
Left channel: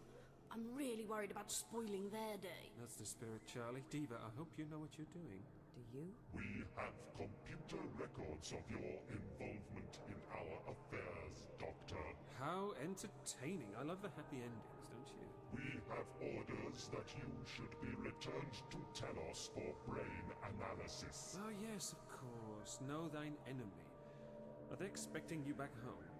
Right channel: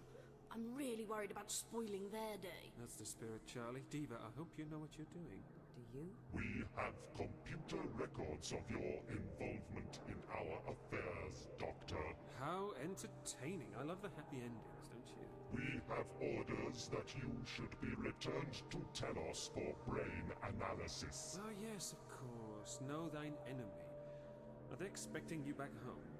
I'm really worried about spoiling their day. That's the spirit, Charlie. Diva, I hope you know what you're doing. Do you? We have computer records of your involvement in our affairs, Doctor. How entertaining. I love the happy endings, don't you? We have orders that you should be returned to Telos for brain analysis. Oh, yes, of course. Know thine enemy. Are they expecting you back home?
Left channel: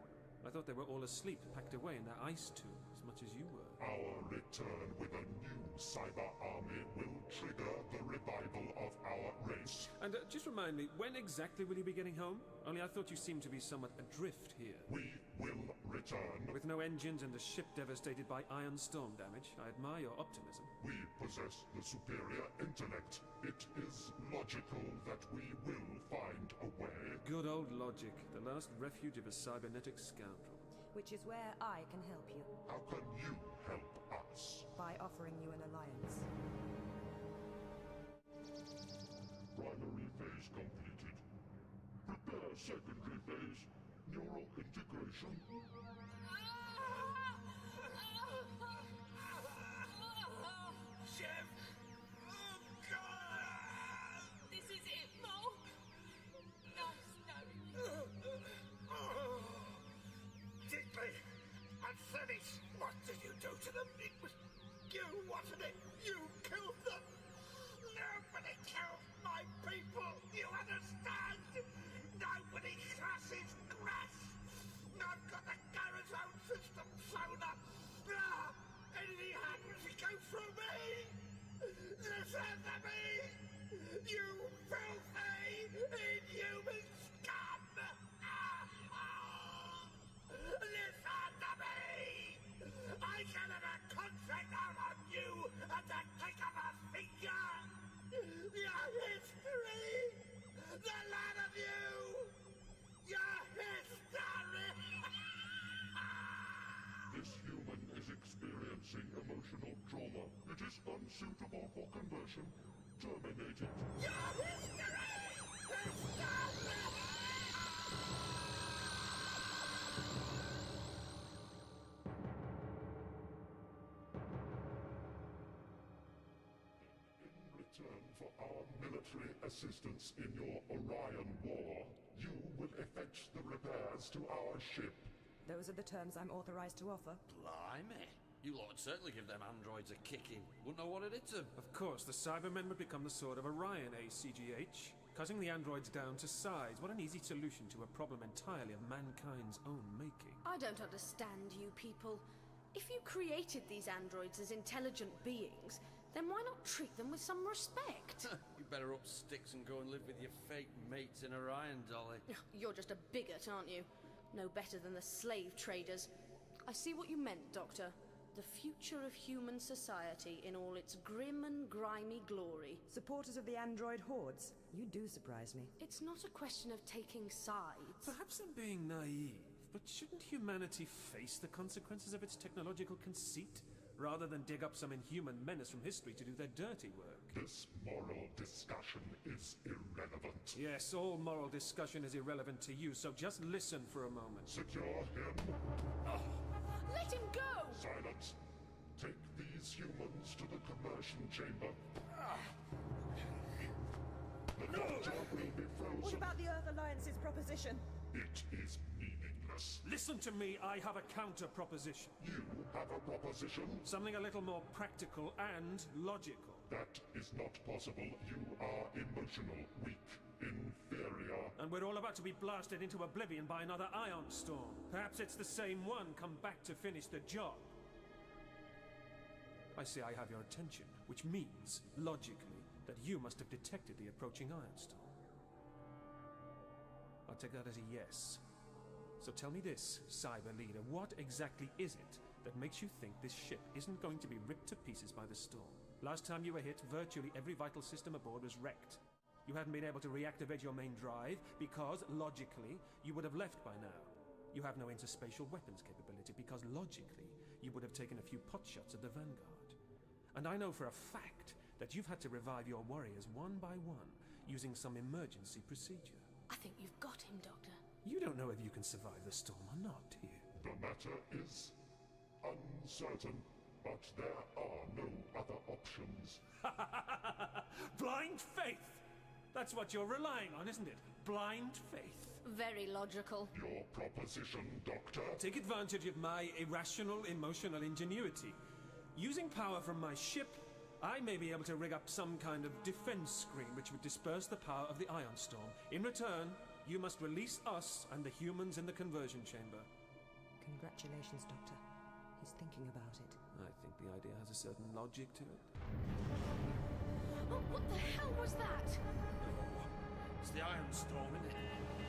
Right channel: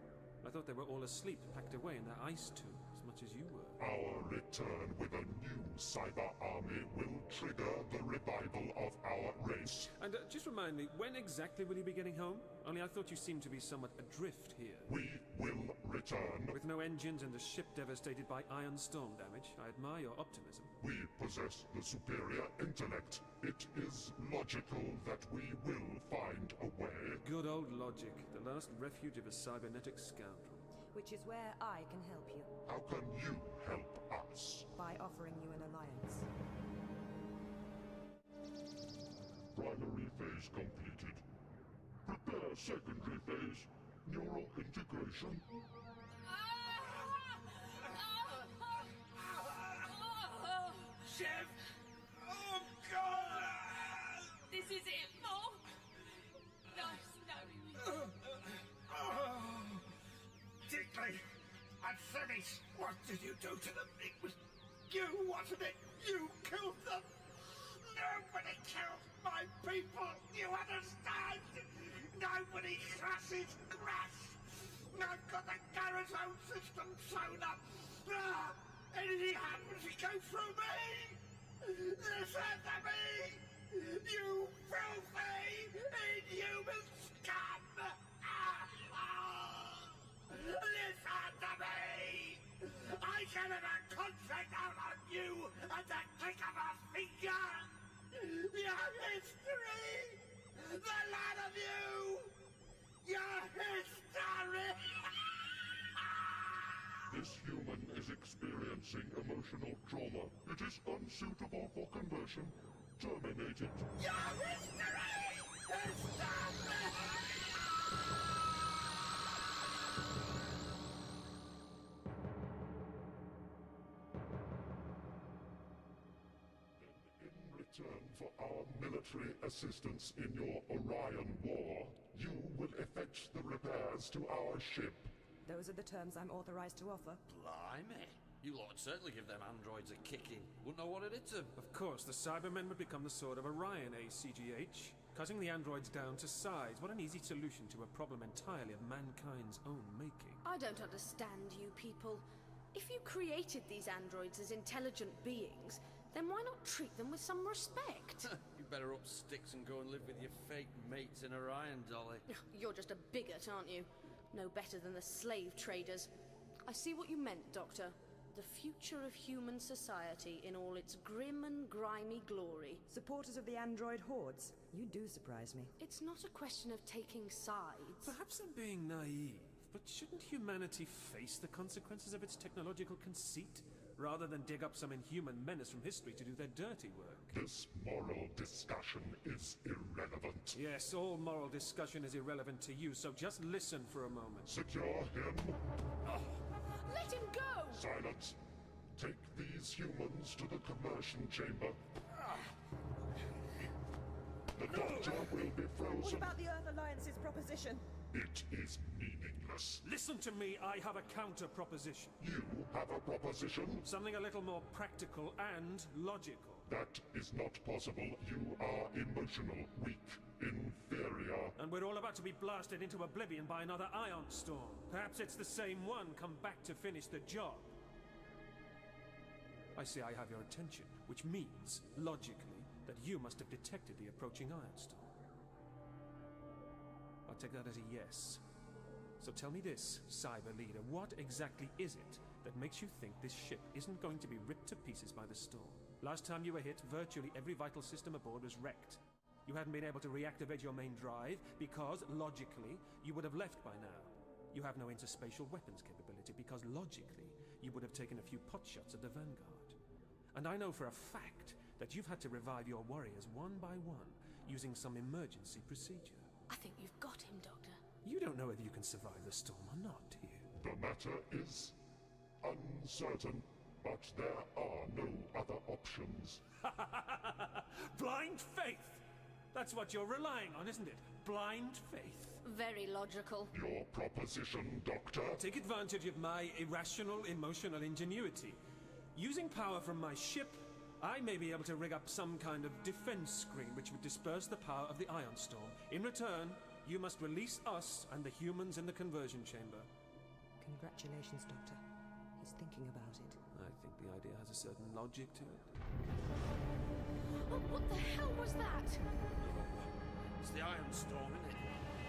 I thought they were all asleep, packed away in their ice tubes, as much as you were. Our return with a new cyber army will trigger the revival of our race. And just remind me, when exactly will you be getting home? Only I thought you seemed to be somewhat adrift here. We will return. With no engines and a ship devastated by iron storm damage. I admire your optimism. We possess the superior intellect. It is logical that we will find a way. Good old logic, the last refuge of a cybernetic scoundrel. Which is where I can help you. How can you help us? By offering you an alliance. Primary phase completed. Prepare secondary phase. Neural integration. Chev! Oh, God! This is it, Mo. No. Dickley and Fennis, what did you do to them? It was you, wasn't it? You killed them! Nobody killed my people, you understand? Nobody crashes crash! I've got the garrison system sewn up! Anything happens, it goes through me! This enemy! You filthy, inhuman scum! Listen to me! I can have a contract out on you at the click of a finger! Your history! The lot of you! Your history! This human is experiencing emotional trauma. It is unsuitable for conversion. Terminate it. Your history! In return for our military assistance in your Orion War, you will effect the repairs to our ship. Those are the terms I'm authorized to offer. Blimey. You lot would certainly give them androids a kicking. Wouldn't know what it did to them. Of course, the Cybermen would become the sword of Orion, ACGH. Cutting the androids down to size. What an easy solution to a problem entirely of mankind's own making. I don't understand you people. If you created these androids as intelligent beings, then why not treat them with some respect? You better up sticks and go and live with your fake mates in Orion, Dolly. You're just a bigot, aren't you? No better than the slave traders. I see what you meant, Doctor. The future of human society in all its grim and grimy glory. Supporters of the android hordes, you do surprise me. It's not a question of taking sides. Perhaps I'm being naive, but shouldn't humanity face the consequences of its technological conceit, rather than dig up some inhuman menace from history to do their dirty work? This moral discussion is irrelevant. Yes, all moral discussion is irrelevant to you, so just listen for a moment. Secure him. Let him go! Silence. Take these humans to the conversion chamber. The doctor will be frozen. What about the Earth Alliance's proposition? It is meaningless. Listen to me, I have a counter-proposition. You have a proposition? Something a little more practical and logical. That is not possible. You are emotional, weak, inferior. And we're all about to be blasted into oblivion by another ion storm. Perhaps it's the same one come back to finish the job. I see I have your attention, which means, logically, that you must have detected the approaching ion storm. I'll take that as a yes. So tell me this, Cyber Leader, what exactly is it that makes you think this ship isn't going to be ripped to pieces by the storm? Last time you were hit, virtually every vital system aboard was wrecked. You hadn't been able to reactivate your main drive because, logically, you would have left by now. You have no interspatial weapons capability because, logically, you would have taken a few potshots at the Vanguard. And I know for a fact that you've had to revive your warriors one by one using some emergency procedure. I think you've got him, Doctor. You don't know whether you can survive the storm or not, do you? The matter is uncertain, but there are no other options. Blind faith! That's what you're relying on, isn't it? Blind faith. Very logical. Your proposition, Doctor? Take advantage of my irrational emotional ingenuity. Using power from my ship, I may be able to rig up some kind of defense screen which would disperse the power of the ion storm. In return, you must release us and the humans in the conversion chamber. Congratulations, Doctor. He's thinking about it. I think the idea has a certain logic to it. Oh, what the hell was that? It's the ion storm, isn't it?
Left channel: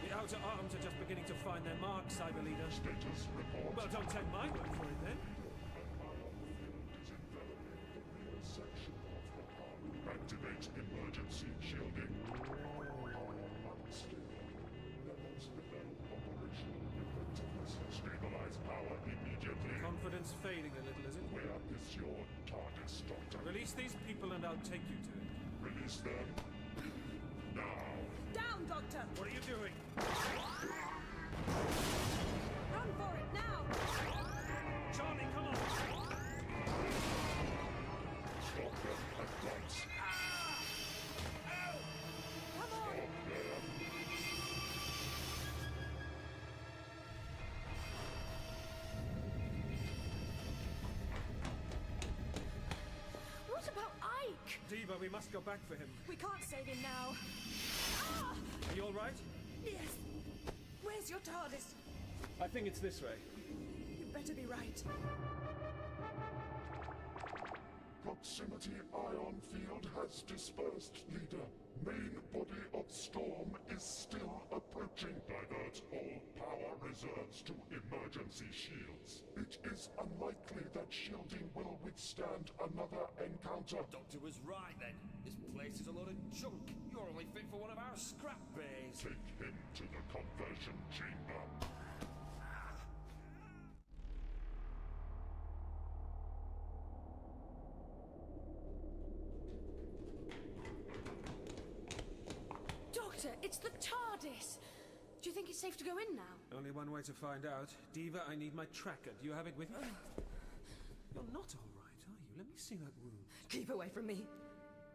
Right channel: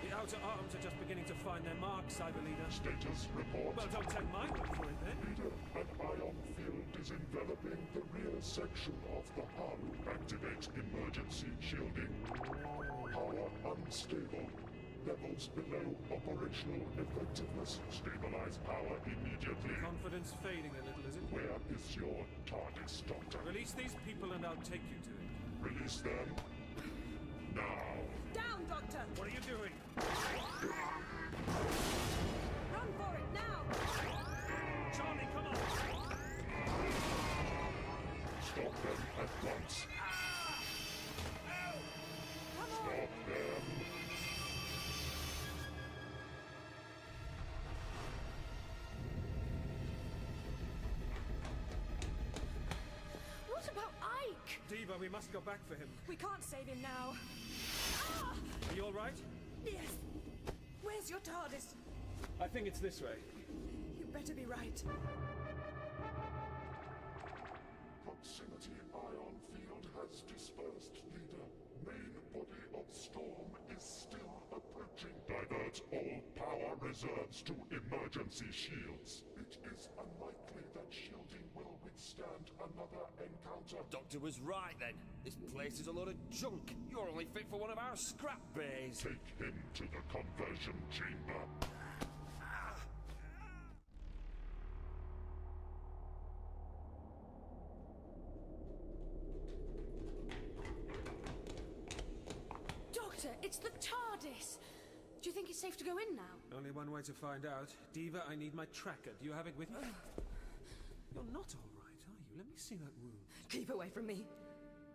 The outer arms are just beginning to find their mark, Cyber Leader. Status report. Well, don't take my word for it, then. Leader, an ion field is enveloping the rear section of the hull. Activate emergency shielding. Power unstable. Levels below operational effectiveness. Stabilize power immediately. Confidence fading a little, is it? Where is your TARDIS, Doctor? Release these people and I'll take you to it. Release them now. Down, Doctor! What are you doing? Run for it, now! Charlie, come on! Stop them at once. Come on! Stop them. What about Ike? Diva, we must go back for him. We can't save him now. Are you all right? Yes. Where's your TARDIS? I think it's this way. You better be right. Proximity ion field has dispersed, Leader. Main body of storm is still approaching. Divert all power reserves to emergency shields. It is unlikely that shielding will withstand another encounter. Doctor was right then. This place is a lot of junk. You're only fit for one of our scrap bays. Take him to the conversion chamber. Doctor, it's the TARDIS! Do you think it's safe to go in now? Only one way to find out. Diva, I need my tracker. Do you have it with you? You're not all right, are you? Let me see that wound. Keep away from me.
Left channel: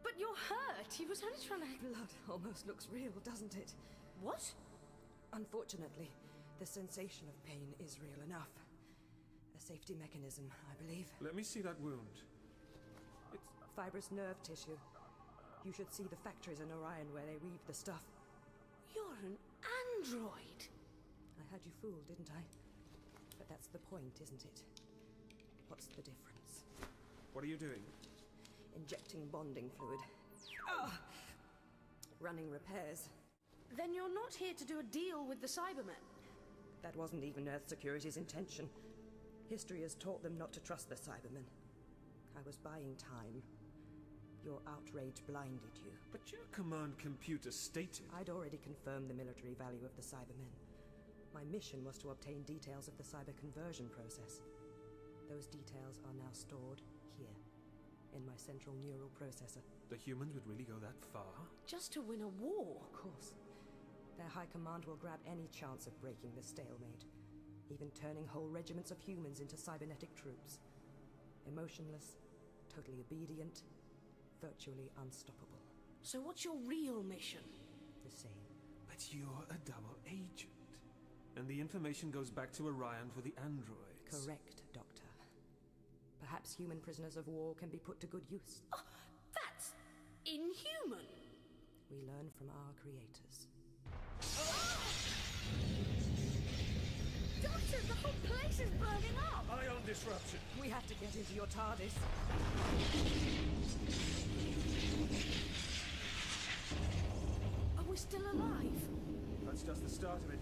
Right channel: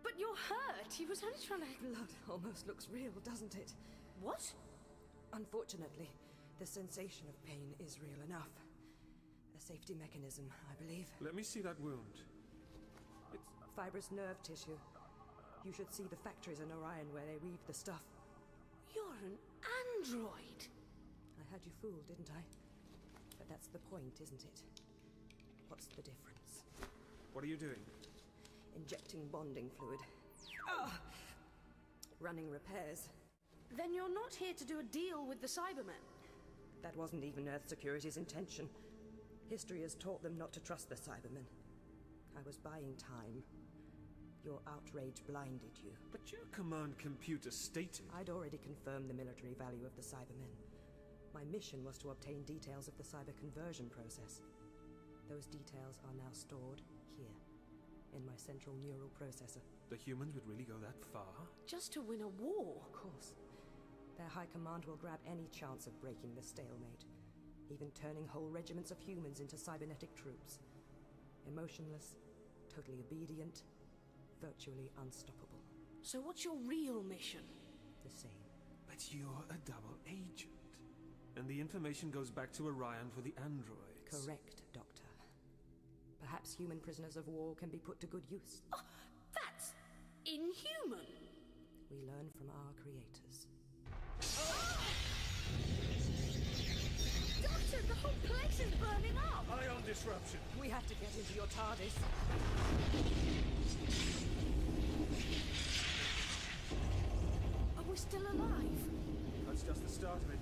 But you're hurt. He was only trying to... Blood almost looks real, doesn't it? What? Unfortunately, the sensation of pain is real enough. A safety mechanism, I believe. Let me see that wound. It's fibrous nerve tissue. You should see the factories in Orion where they weave the stuff. You're an android! I had you fooled, didn't I? But that's the point, isn't it? What's the difference? What are you doing? Injecting bonding fluid. Running repairs. Then you're not here to do a deal with the Cybermen? That wasn't even Earth Security's intention. History has taught them not to trust the Cybermen. I was buying time. Your outrage blinded you. But your command computer stated... I'd already confirmed the military value of the Cybermen. My mission was to obtain details of the cyber conversion process. Those details are now stored here, in my central neural processor. The humans would really go that far? Just to win a war? Of course. Their high command will grab any chance of breaking the stalemate, even turning whole regiments of humans into cybernetic troops. Emotionless, totally obedient, virtually unstoppable. So what's your real mission? The same. But you're a double agent. And the information goes back to Orion for the androids. Correct, Doctor. Perhaps human prisoners of war can be put to good use. Oh, that's inhuman! We learn from our creators. Doctor, the whole place is burning up! Ion disruption! We have to get into your TARDIS. Are we still alive? That's just the start of it.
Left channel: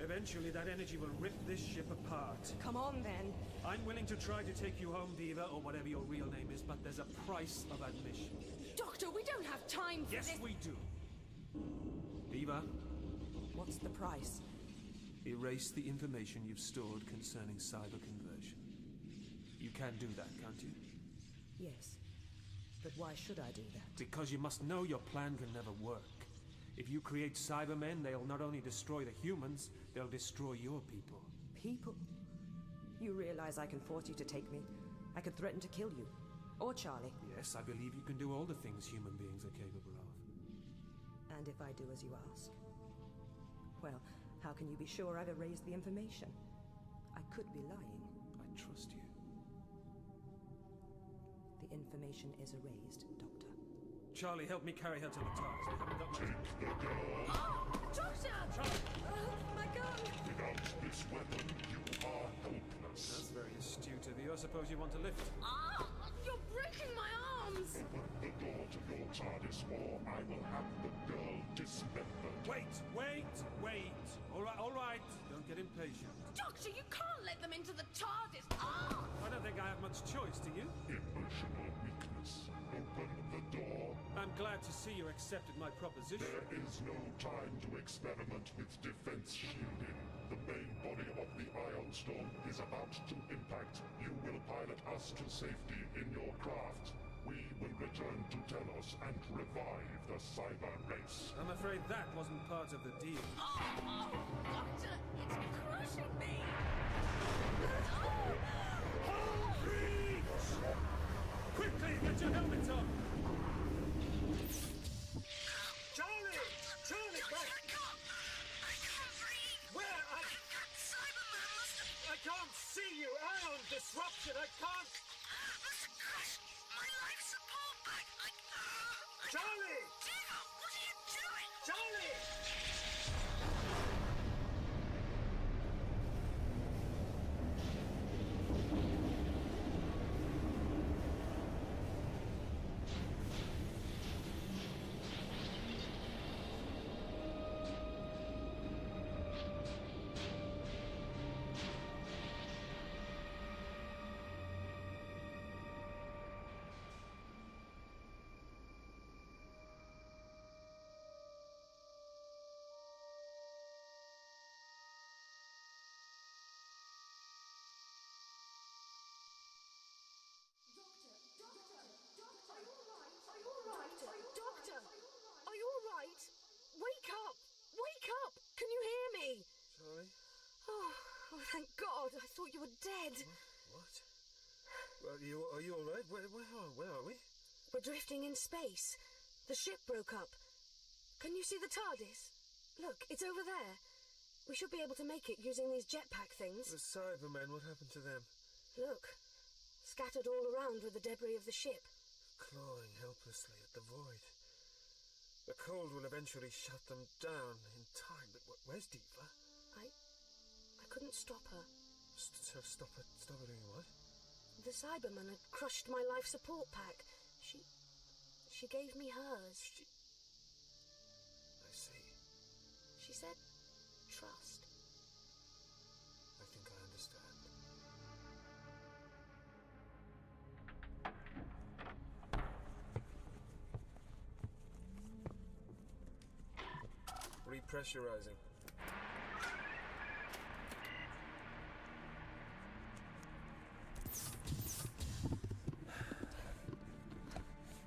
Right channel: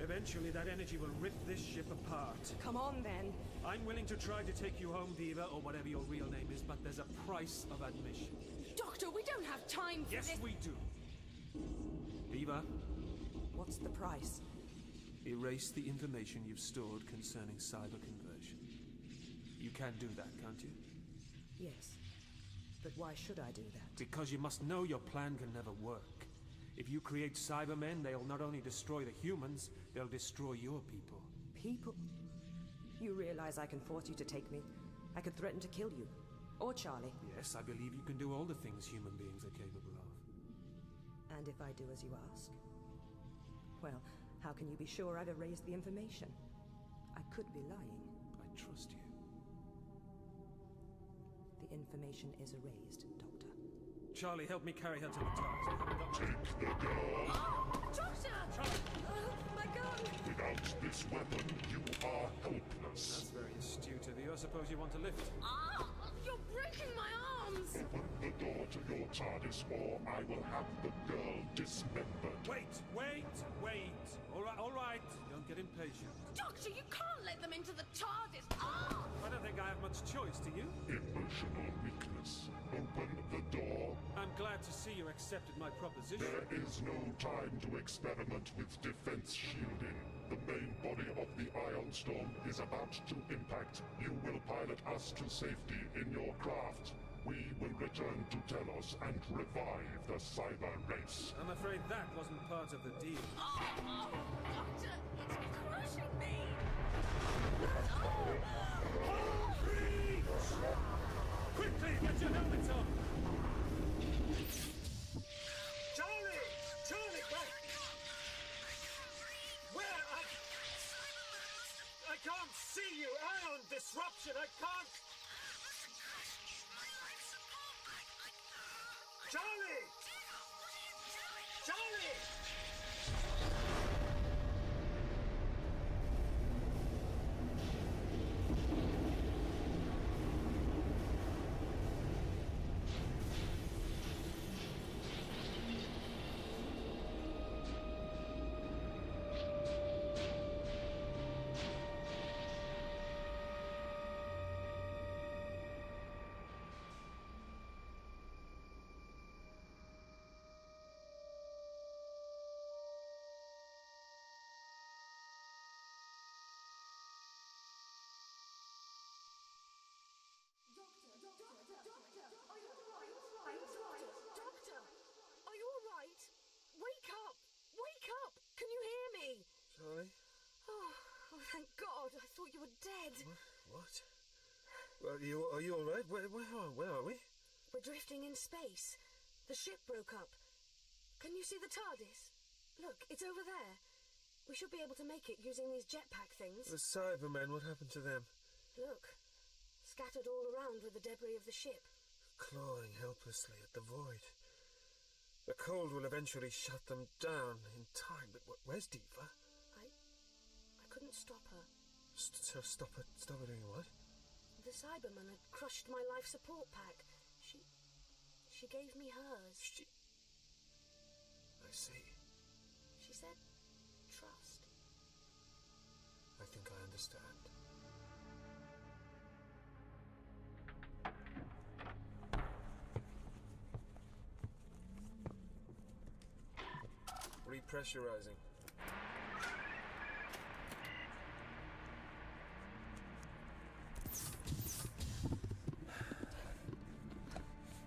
Eventually that energy will rip this ship apart. Come on, then. I'm willing to try to take you home, Viva, or whatever your real name is, but there's a price of admission. Doctor, we don't have time for this! Yes, we do. Viva. What's the price? Erase the information you've stored concerning cyber conversion. You can do that, can't you? Yes. But why should I do that? Because you must know your plan can never work. If you create Cybermen, they'll not only destroy the humans, they'll destroy your people. People? You realize I can force you to take me? I could threaten to kill you. Or Charlie. Yes, I believe you can do all the things human beings are capable of. And if I do as you ask? Well, how can you be sure I've erased the information? I could be lying. I trust you. The information is erased, Doctor. Charlie, help me carry her to the TARDIS. We haven't got much... Take the girl. Doctor! Charlie! My gun! Without this weapon, you are helpless. That's very astute of you. I suppose you want to lift. You're breaking my arms! Open the door to your TARDIS, or I will have the girl dismembered. Wait! All right. Don't get impatient. Doctor, you can't let them into the TARDIS! I don't think I have much choice, do you? Emotional weakness. Open the door. I'm glad to see you accepted my proposition. There is no time to experiment with defense shielding. The main body of the Ion Storm is about to impact. You will pilot us to safety in your craft. We will return to Telos and revive the cyber race. I'm afraid that wasn't part of the deal. Doctor, it's crushing me! Quickly, get your helmets on! Charlie, wait! Where? I can't see you! Ion disruption! I can't... Charlie! What are you doing? Charlie! Doctor! Are you alright? Wake up! Wake up! Can you hear me? Charlie? Oh, thank God. I thought you were dead. What? Well, are you alright? Where are we? We're drifting in space. The ship broke up. Can you see the TARDIS? Look, it's over there. We should be able to make it using these jetpack things. The Cybermen, what happened to them? Look, scattered all around with the debris of the ship. clawing helplessly at the void. The cold will eventually shut them down in time, but where's Diva? I couldn't stop her. Stop her doing what? The Cyberman had crushed my life support pack. She gave me hers. I see. She said, trust. I think I understand. Repressurizing.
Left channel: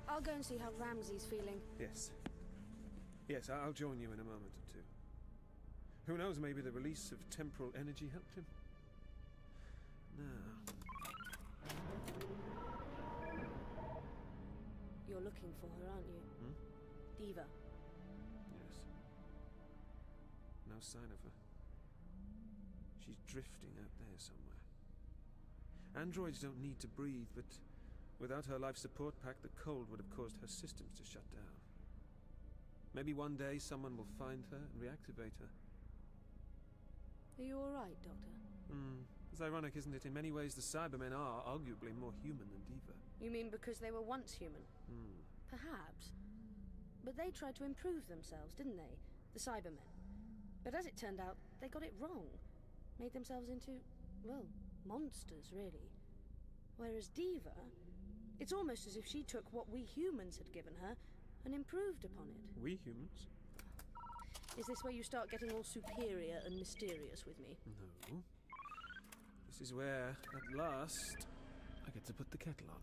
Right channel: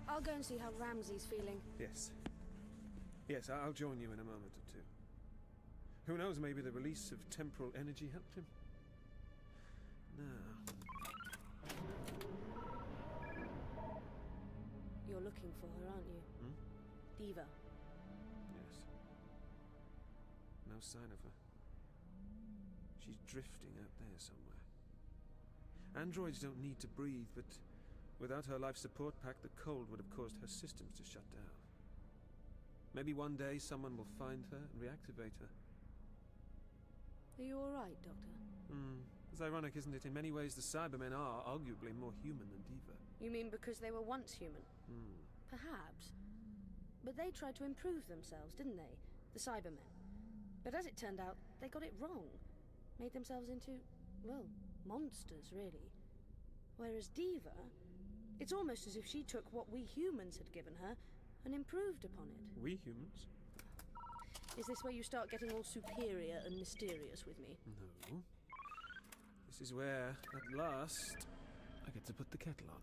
I'll go and see how Ramsey's feeling. Yes. Yes, I'll join you in a moment or two. Who knows, maybe the release of temporal energy helped him? Now... You're looking for her, aren't you? Diva. Yes. No sign of her. She's drifting out there somewhere. Androids don't need to breathe, but without her life support pack, the cold would have caused her systems to shut down. Maybe one day someone will find her and reactivate her. Are you all right, Doctor? It's ironic, isn't it? In many ways, the Cybermen are arguably more human than Diva. You mean because they were once human? Perhaps. But they tried to improve themselves, didn't they? The Cybermen. But as it turned out, they got it wrong. Made themselves into, well, monsters, really. Whereas Diva, it's almost as if she took what we humans had given her and improved upon it. We humans? Is this where you start getting all superior and mysterious with me? No. This is where, at last, I get to put the kettle on.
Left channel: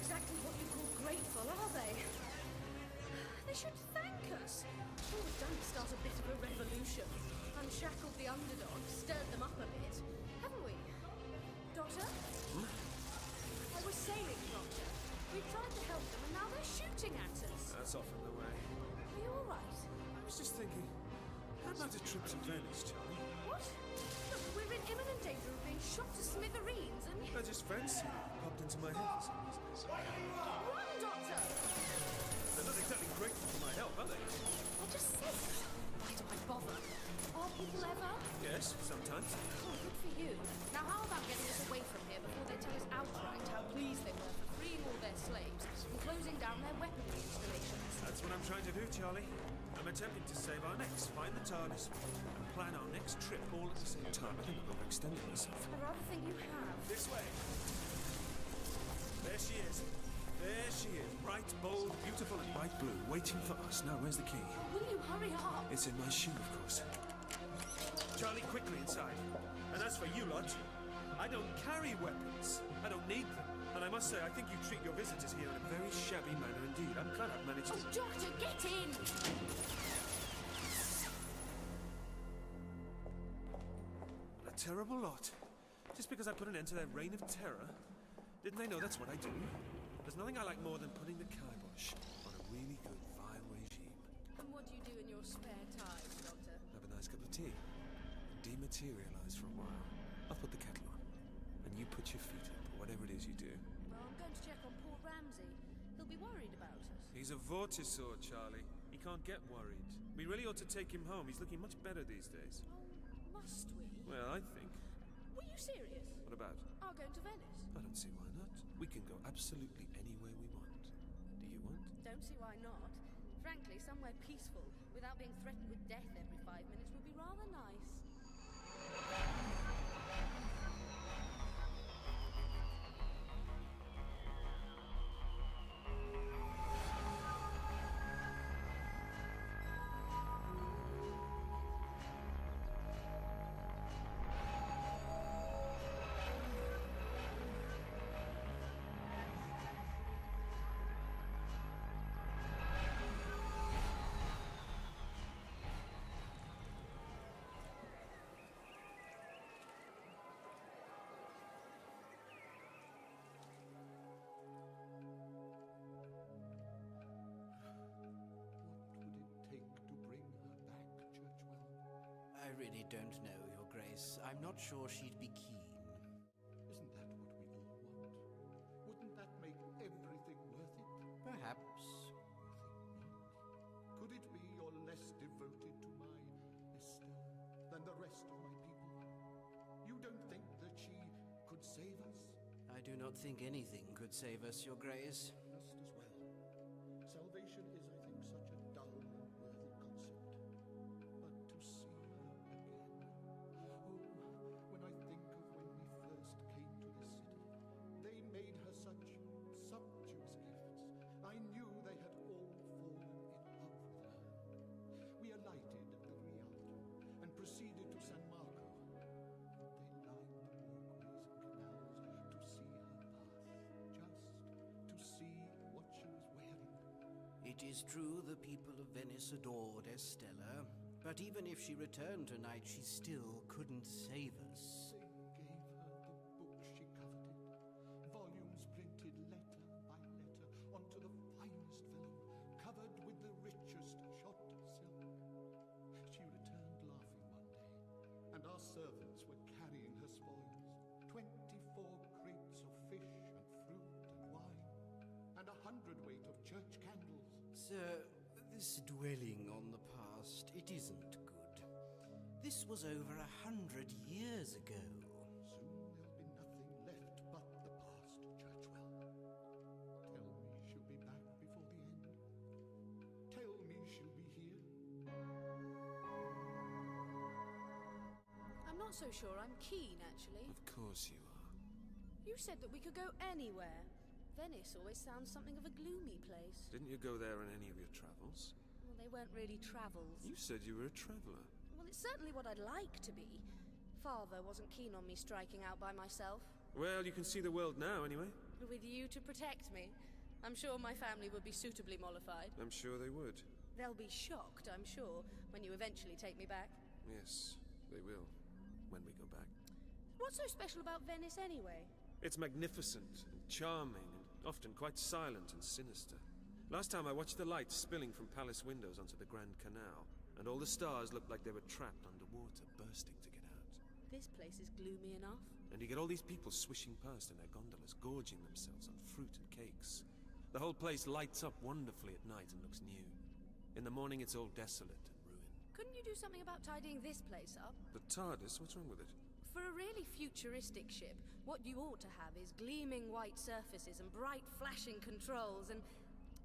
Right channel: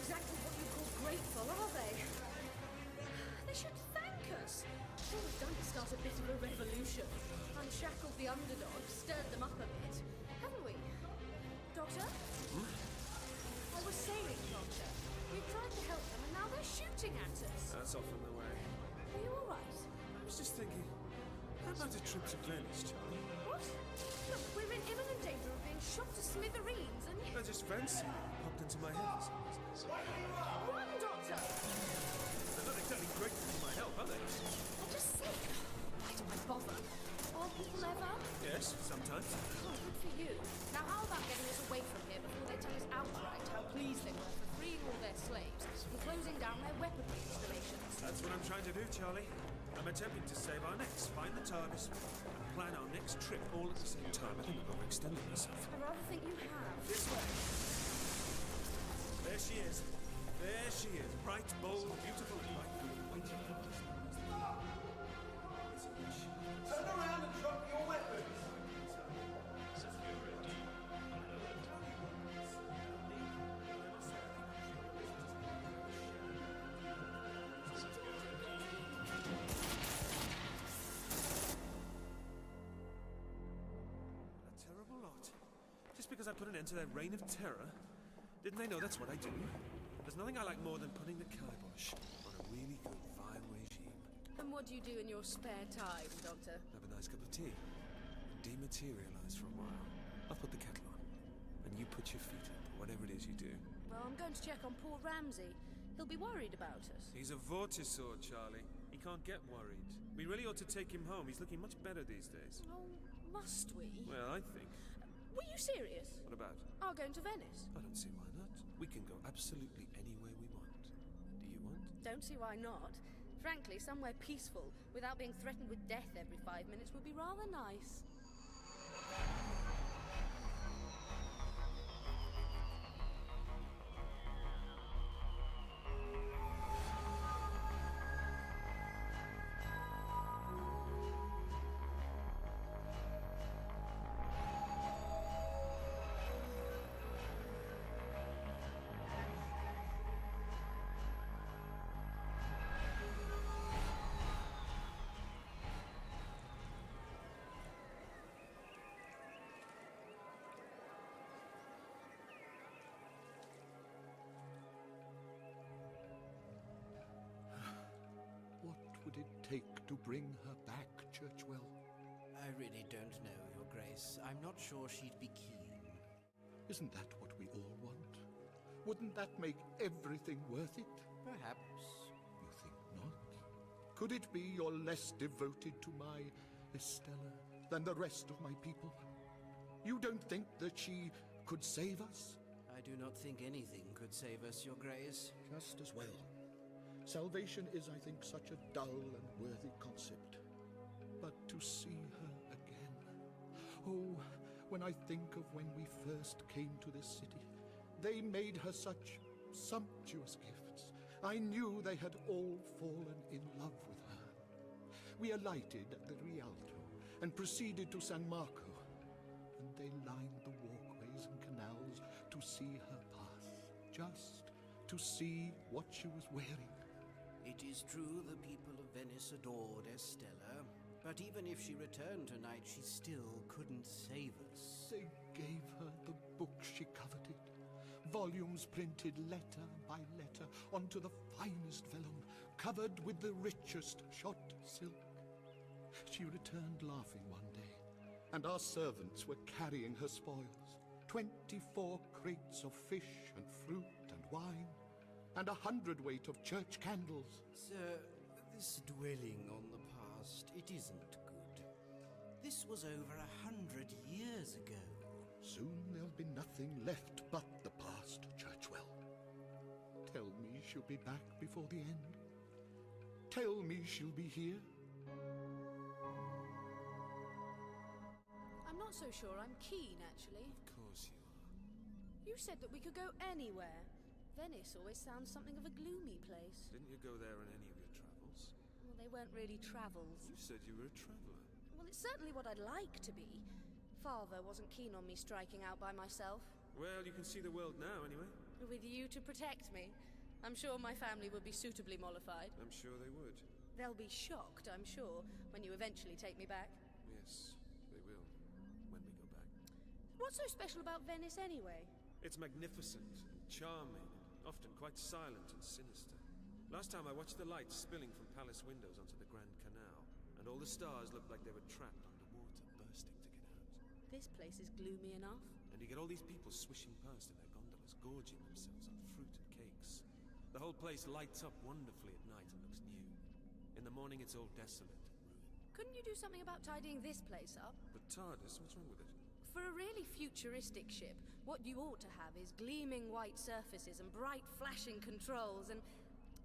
Exactly what you call grateful, are they? They should thank us. All we've done is start a bit of a revolution. Unshackled the underdog, stirred them up a bit. Haven't we? Doctor? I was saying, Doctor, we've tried to help them and now they're shooting at us. That's often the way. Are you alright? I was just thinking, how about a trip to Venice, Charlie? What? Look, we're in imminent danger of being shot to smithereens and... I just fancied it. Popped into my head for some reason. Run, Doctor! They're not exactly grateful for my help, are they? I just said... Why do I bother? Are people ever? Yes, sometimes. Oh, good for you. Now how about getting us away from here before they tell us outright how pleased they were for freeing all their slaves and closing down their weaponry installations? That's what I'm trying to do, Charlie. I'm attempting to save our necks, find the TARDIS, and plan our next trip all at the same time. I think I'm overextending myself. I'd rather think you have. This way. There she is. There she is. Bright, bold, beautiful, and bright blue, waiting for us. Now, where's the key? Will you hurry up? It's in my shoe, of course. Charlie, quickly inside. And as for you lot, I don't carry weapons. I don't need them. And I must say, I think you treat your visitors here in a very shabby manner indeed. I'm glad I've managed to... Doctor, get in! A terrible lot. Just because I put an end to their reign of terror? Didn't they know that's what I do? There's nothing I like more than putting the kibosh on a really good vile regime. And what do you do in your spare time, Doctor? Have a nice cup of tea. Dematerialize for a while. I'll put the kettle on. And you put your feet up, or whatever it is you do. Well, I'm going to check on poor Ramsey. He'll be worried about us. He's a vortisaur, Charlie. He can't get worried. We really ought to take him home. He's looking much better these days. Oh, must we? Well, I think. Were you serious? What about? Are going to Venice? I don't see why not. We can go absolutely anywhere we want. Do you want? Don't see why not. Frankly, somewhere peaceful, without being threatened with death every 5 minutes, would be rather nice. Take to bring her back, Churchwell? I really don't know, Your Grace. I'm not sure she'd be keen. Isn't that what we all want? Wouldn't that make everything worth it? Perhaps. You think not? Could it be you're less devoted to my Estella than the rest of my people? You don't think that she could save us? I do not think anything could save us, Your Grace. Just as well. Salvation is, I think, such a dull and worthy concept. But to see her again... Oh, when I think of when we first came to this city, they made her such sumptuous gifts. I knew they had all fallen in love with her. We alighted at the Rialto and proceeded to San Marco, and they lined the walkways and canals to see her pass, just to see what she was wearing. It is true the people of Venice adored Estella, but even if she returned tonight, she still couldn't save us. They gave her the book she coveted, volumes printed letter by letter onto the finest vellum, covered with the richest shot silk. She returned laughing one day, and our servants were carrying her spoils, 24 crates of fish and fruit and wine, and 100 weight of church candles. Sir, this dwelling on the past, it isn't good. This was over 100 years ago. Soon there'll be nothing left but the past, Churchwell. Tell me she'll be back before the end. Tell me she'll be here. I'm not so sure I'm keen, actually. Of course you are. You said that we could go anywhere. Venice always sounds something of a gloomy place. Didn't you go there on any of your travels? Well, they weren't really travels. You said you were a traveller. Well, it's certainly what I'd like to be. Father wasn't keen on me striking out by myself. Well, you can see the world now, anyway. With you to protect me. I'm sure my family would be suitably mollified. I'm sure they would. They'll be shocked, I'm sure, when you eventually take me back. Yes, they will. When we go back. What's so special about Venice, anyway? It's magnificent and charming and often quite silent and sinister. Last time I watched the light spilling from palace windows onto the Grand Canal, and all the stars looked like they were trapped underwater, bursting to get out. This place is gloomy enough. And you get all these people swishing past in their gondolas, gorging themselves on fruit and cakes. The whole place lights up wonderfully at night and looks new. In the morning it's all desolate and ruined. Couldn't you do something about tidying this place up? The TARDIS, what's wrong with it? For a really futuristic ship, what you ought to have is gleaming white surfaces and bright flashing controls and...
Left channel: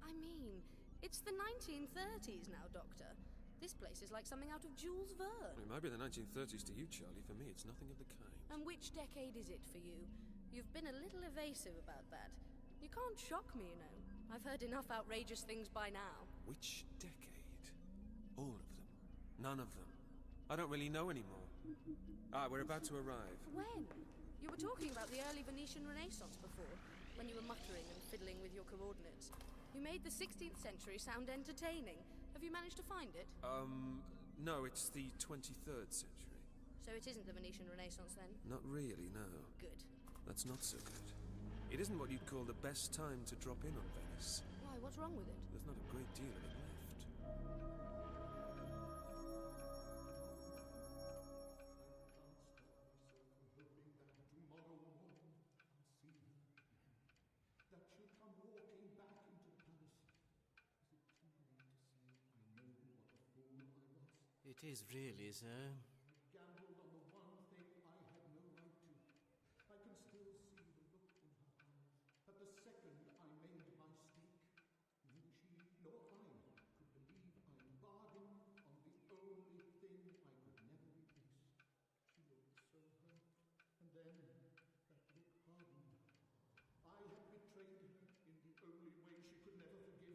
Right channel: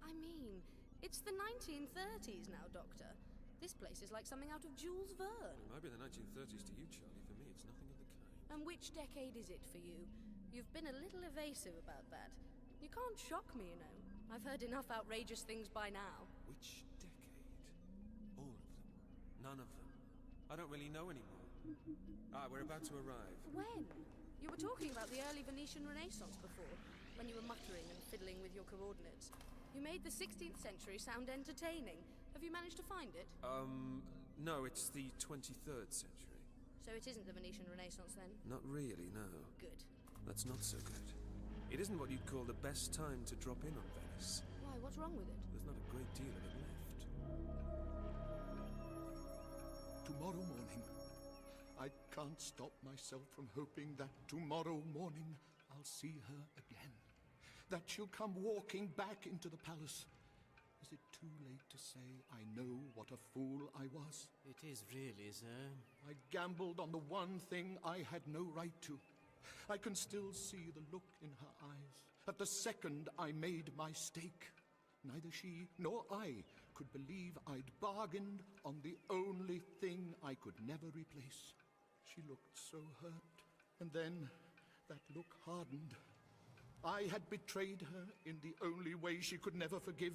I mean, it's the 1930s now, Doctor. This place is like something out of Jules Verne. It might be the 1930s to you, Charlie. For me, it's nothing of the kind. And which decade is it for you? You've been a little evasive about that. You can't shock me, you know. I've heard enough outrageous things by now. Which decade? All of them. None of them. I don't really know anymore. We're about to arrive. When? You were talking about the early Venetian Renaissance before, when you were muttering and fiddling with your coordinates. You made the 16th century sound entertaining. Have you managed to find it? No, it's the 23rd century. So it isn't the Venetian Renaissance, then? Not really, no. Good. That's not so good. It isn't what you'd call the best time to drop in on Venice. Why, what's wrong with it? There's not a great deal of it left. Tomorrow morning. I can't stop myself from hoping that tomorrow morning I'll see her again. That she'll come walking back into the palace. Is it too late to say I know what a fool I was? It is really, sir. I gambled on the one thing I had no right to. I can still see the look in her eyes at the second I made my stake. Neither she nor I could believe I'd bargained on the only thing I could never replace. She looked so hurt, and then that look hardened. I had betrayed her in the only way she could never forgive.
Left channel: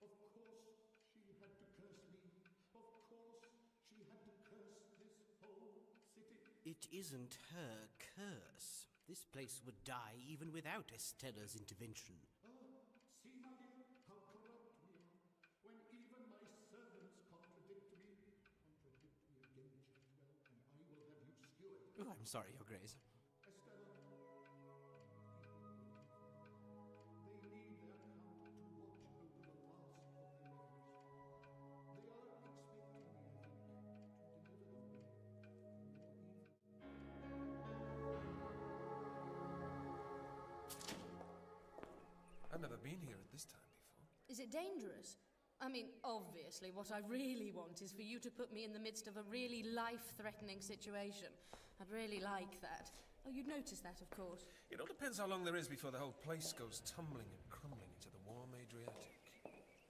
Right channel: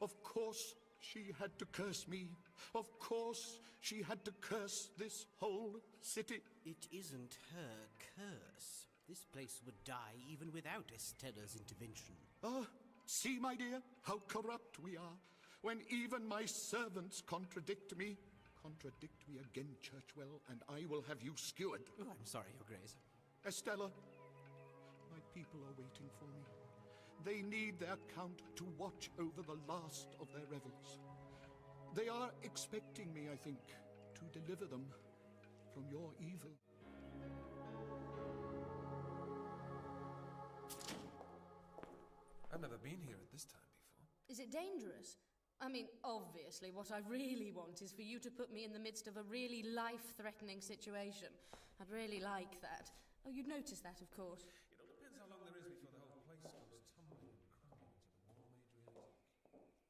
Of course she had to curse me. Of course she had to curse this whole city. It isn't her curse. This place would die even without Estella's intervention. Ah, see, my dear, how corrupt we are. When even my servants contradict me. Contradict me again, Churchwell, and I will have you skewered. Oh, I'm sorry, Your Grace. Estella, my people are waiting for me. They need their count to watch over the last of their revels. They are expecting me, I think, to deliver them from your evil. I've never been here at this time before. Is it dangerous? I mean, obviously, what I really want is for you to put me in the midst of a really life-threatening situation. I'd really like that. Oh, you'd notice that, of course. It all depends how long there is before the whole place goes tumbling and crumbling into the Warm Adriatic.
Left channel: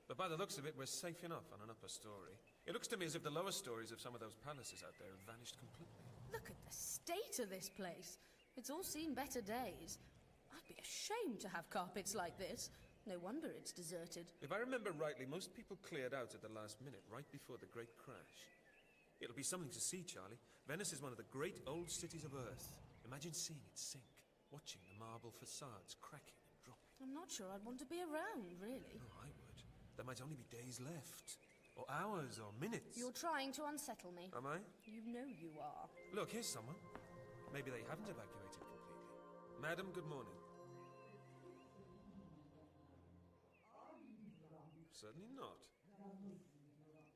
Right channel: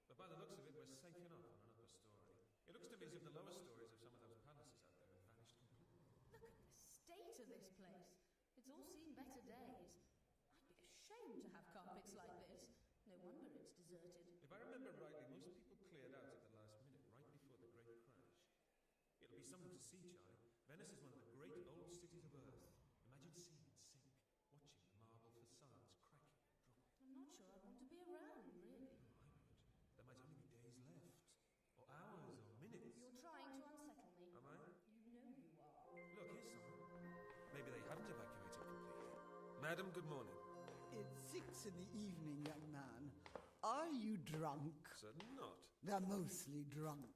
But by the looks of it, we're safe enough on an upper story. It looks to me as if the lower stories of some of those palaces out there have vanished completely. Look at the state of this place. It's all seen better days. I'd be ashamed to have carpets like this. No wonder it's deserted. If I remember rightly, most people cleared out at the last minute, right before the Great Crash. It'll be something to see, Charlie. Venice is one of the great old cities of Earth. Imagine seeing it sink, watching the marble facades cracking and dropping. I'm not sure I'd want to be around, really. Oh, I would. There might only be days left. Or hours, or minutes. You're trying to unsettle me. Am I? You know you are. Look, here's someone. Maybe they haven't evacuated completely. Madam, good morning. It's 6 in the evening, young man. Are you drunk? Certainly not. They're mostly drunk.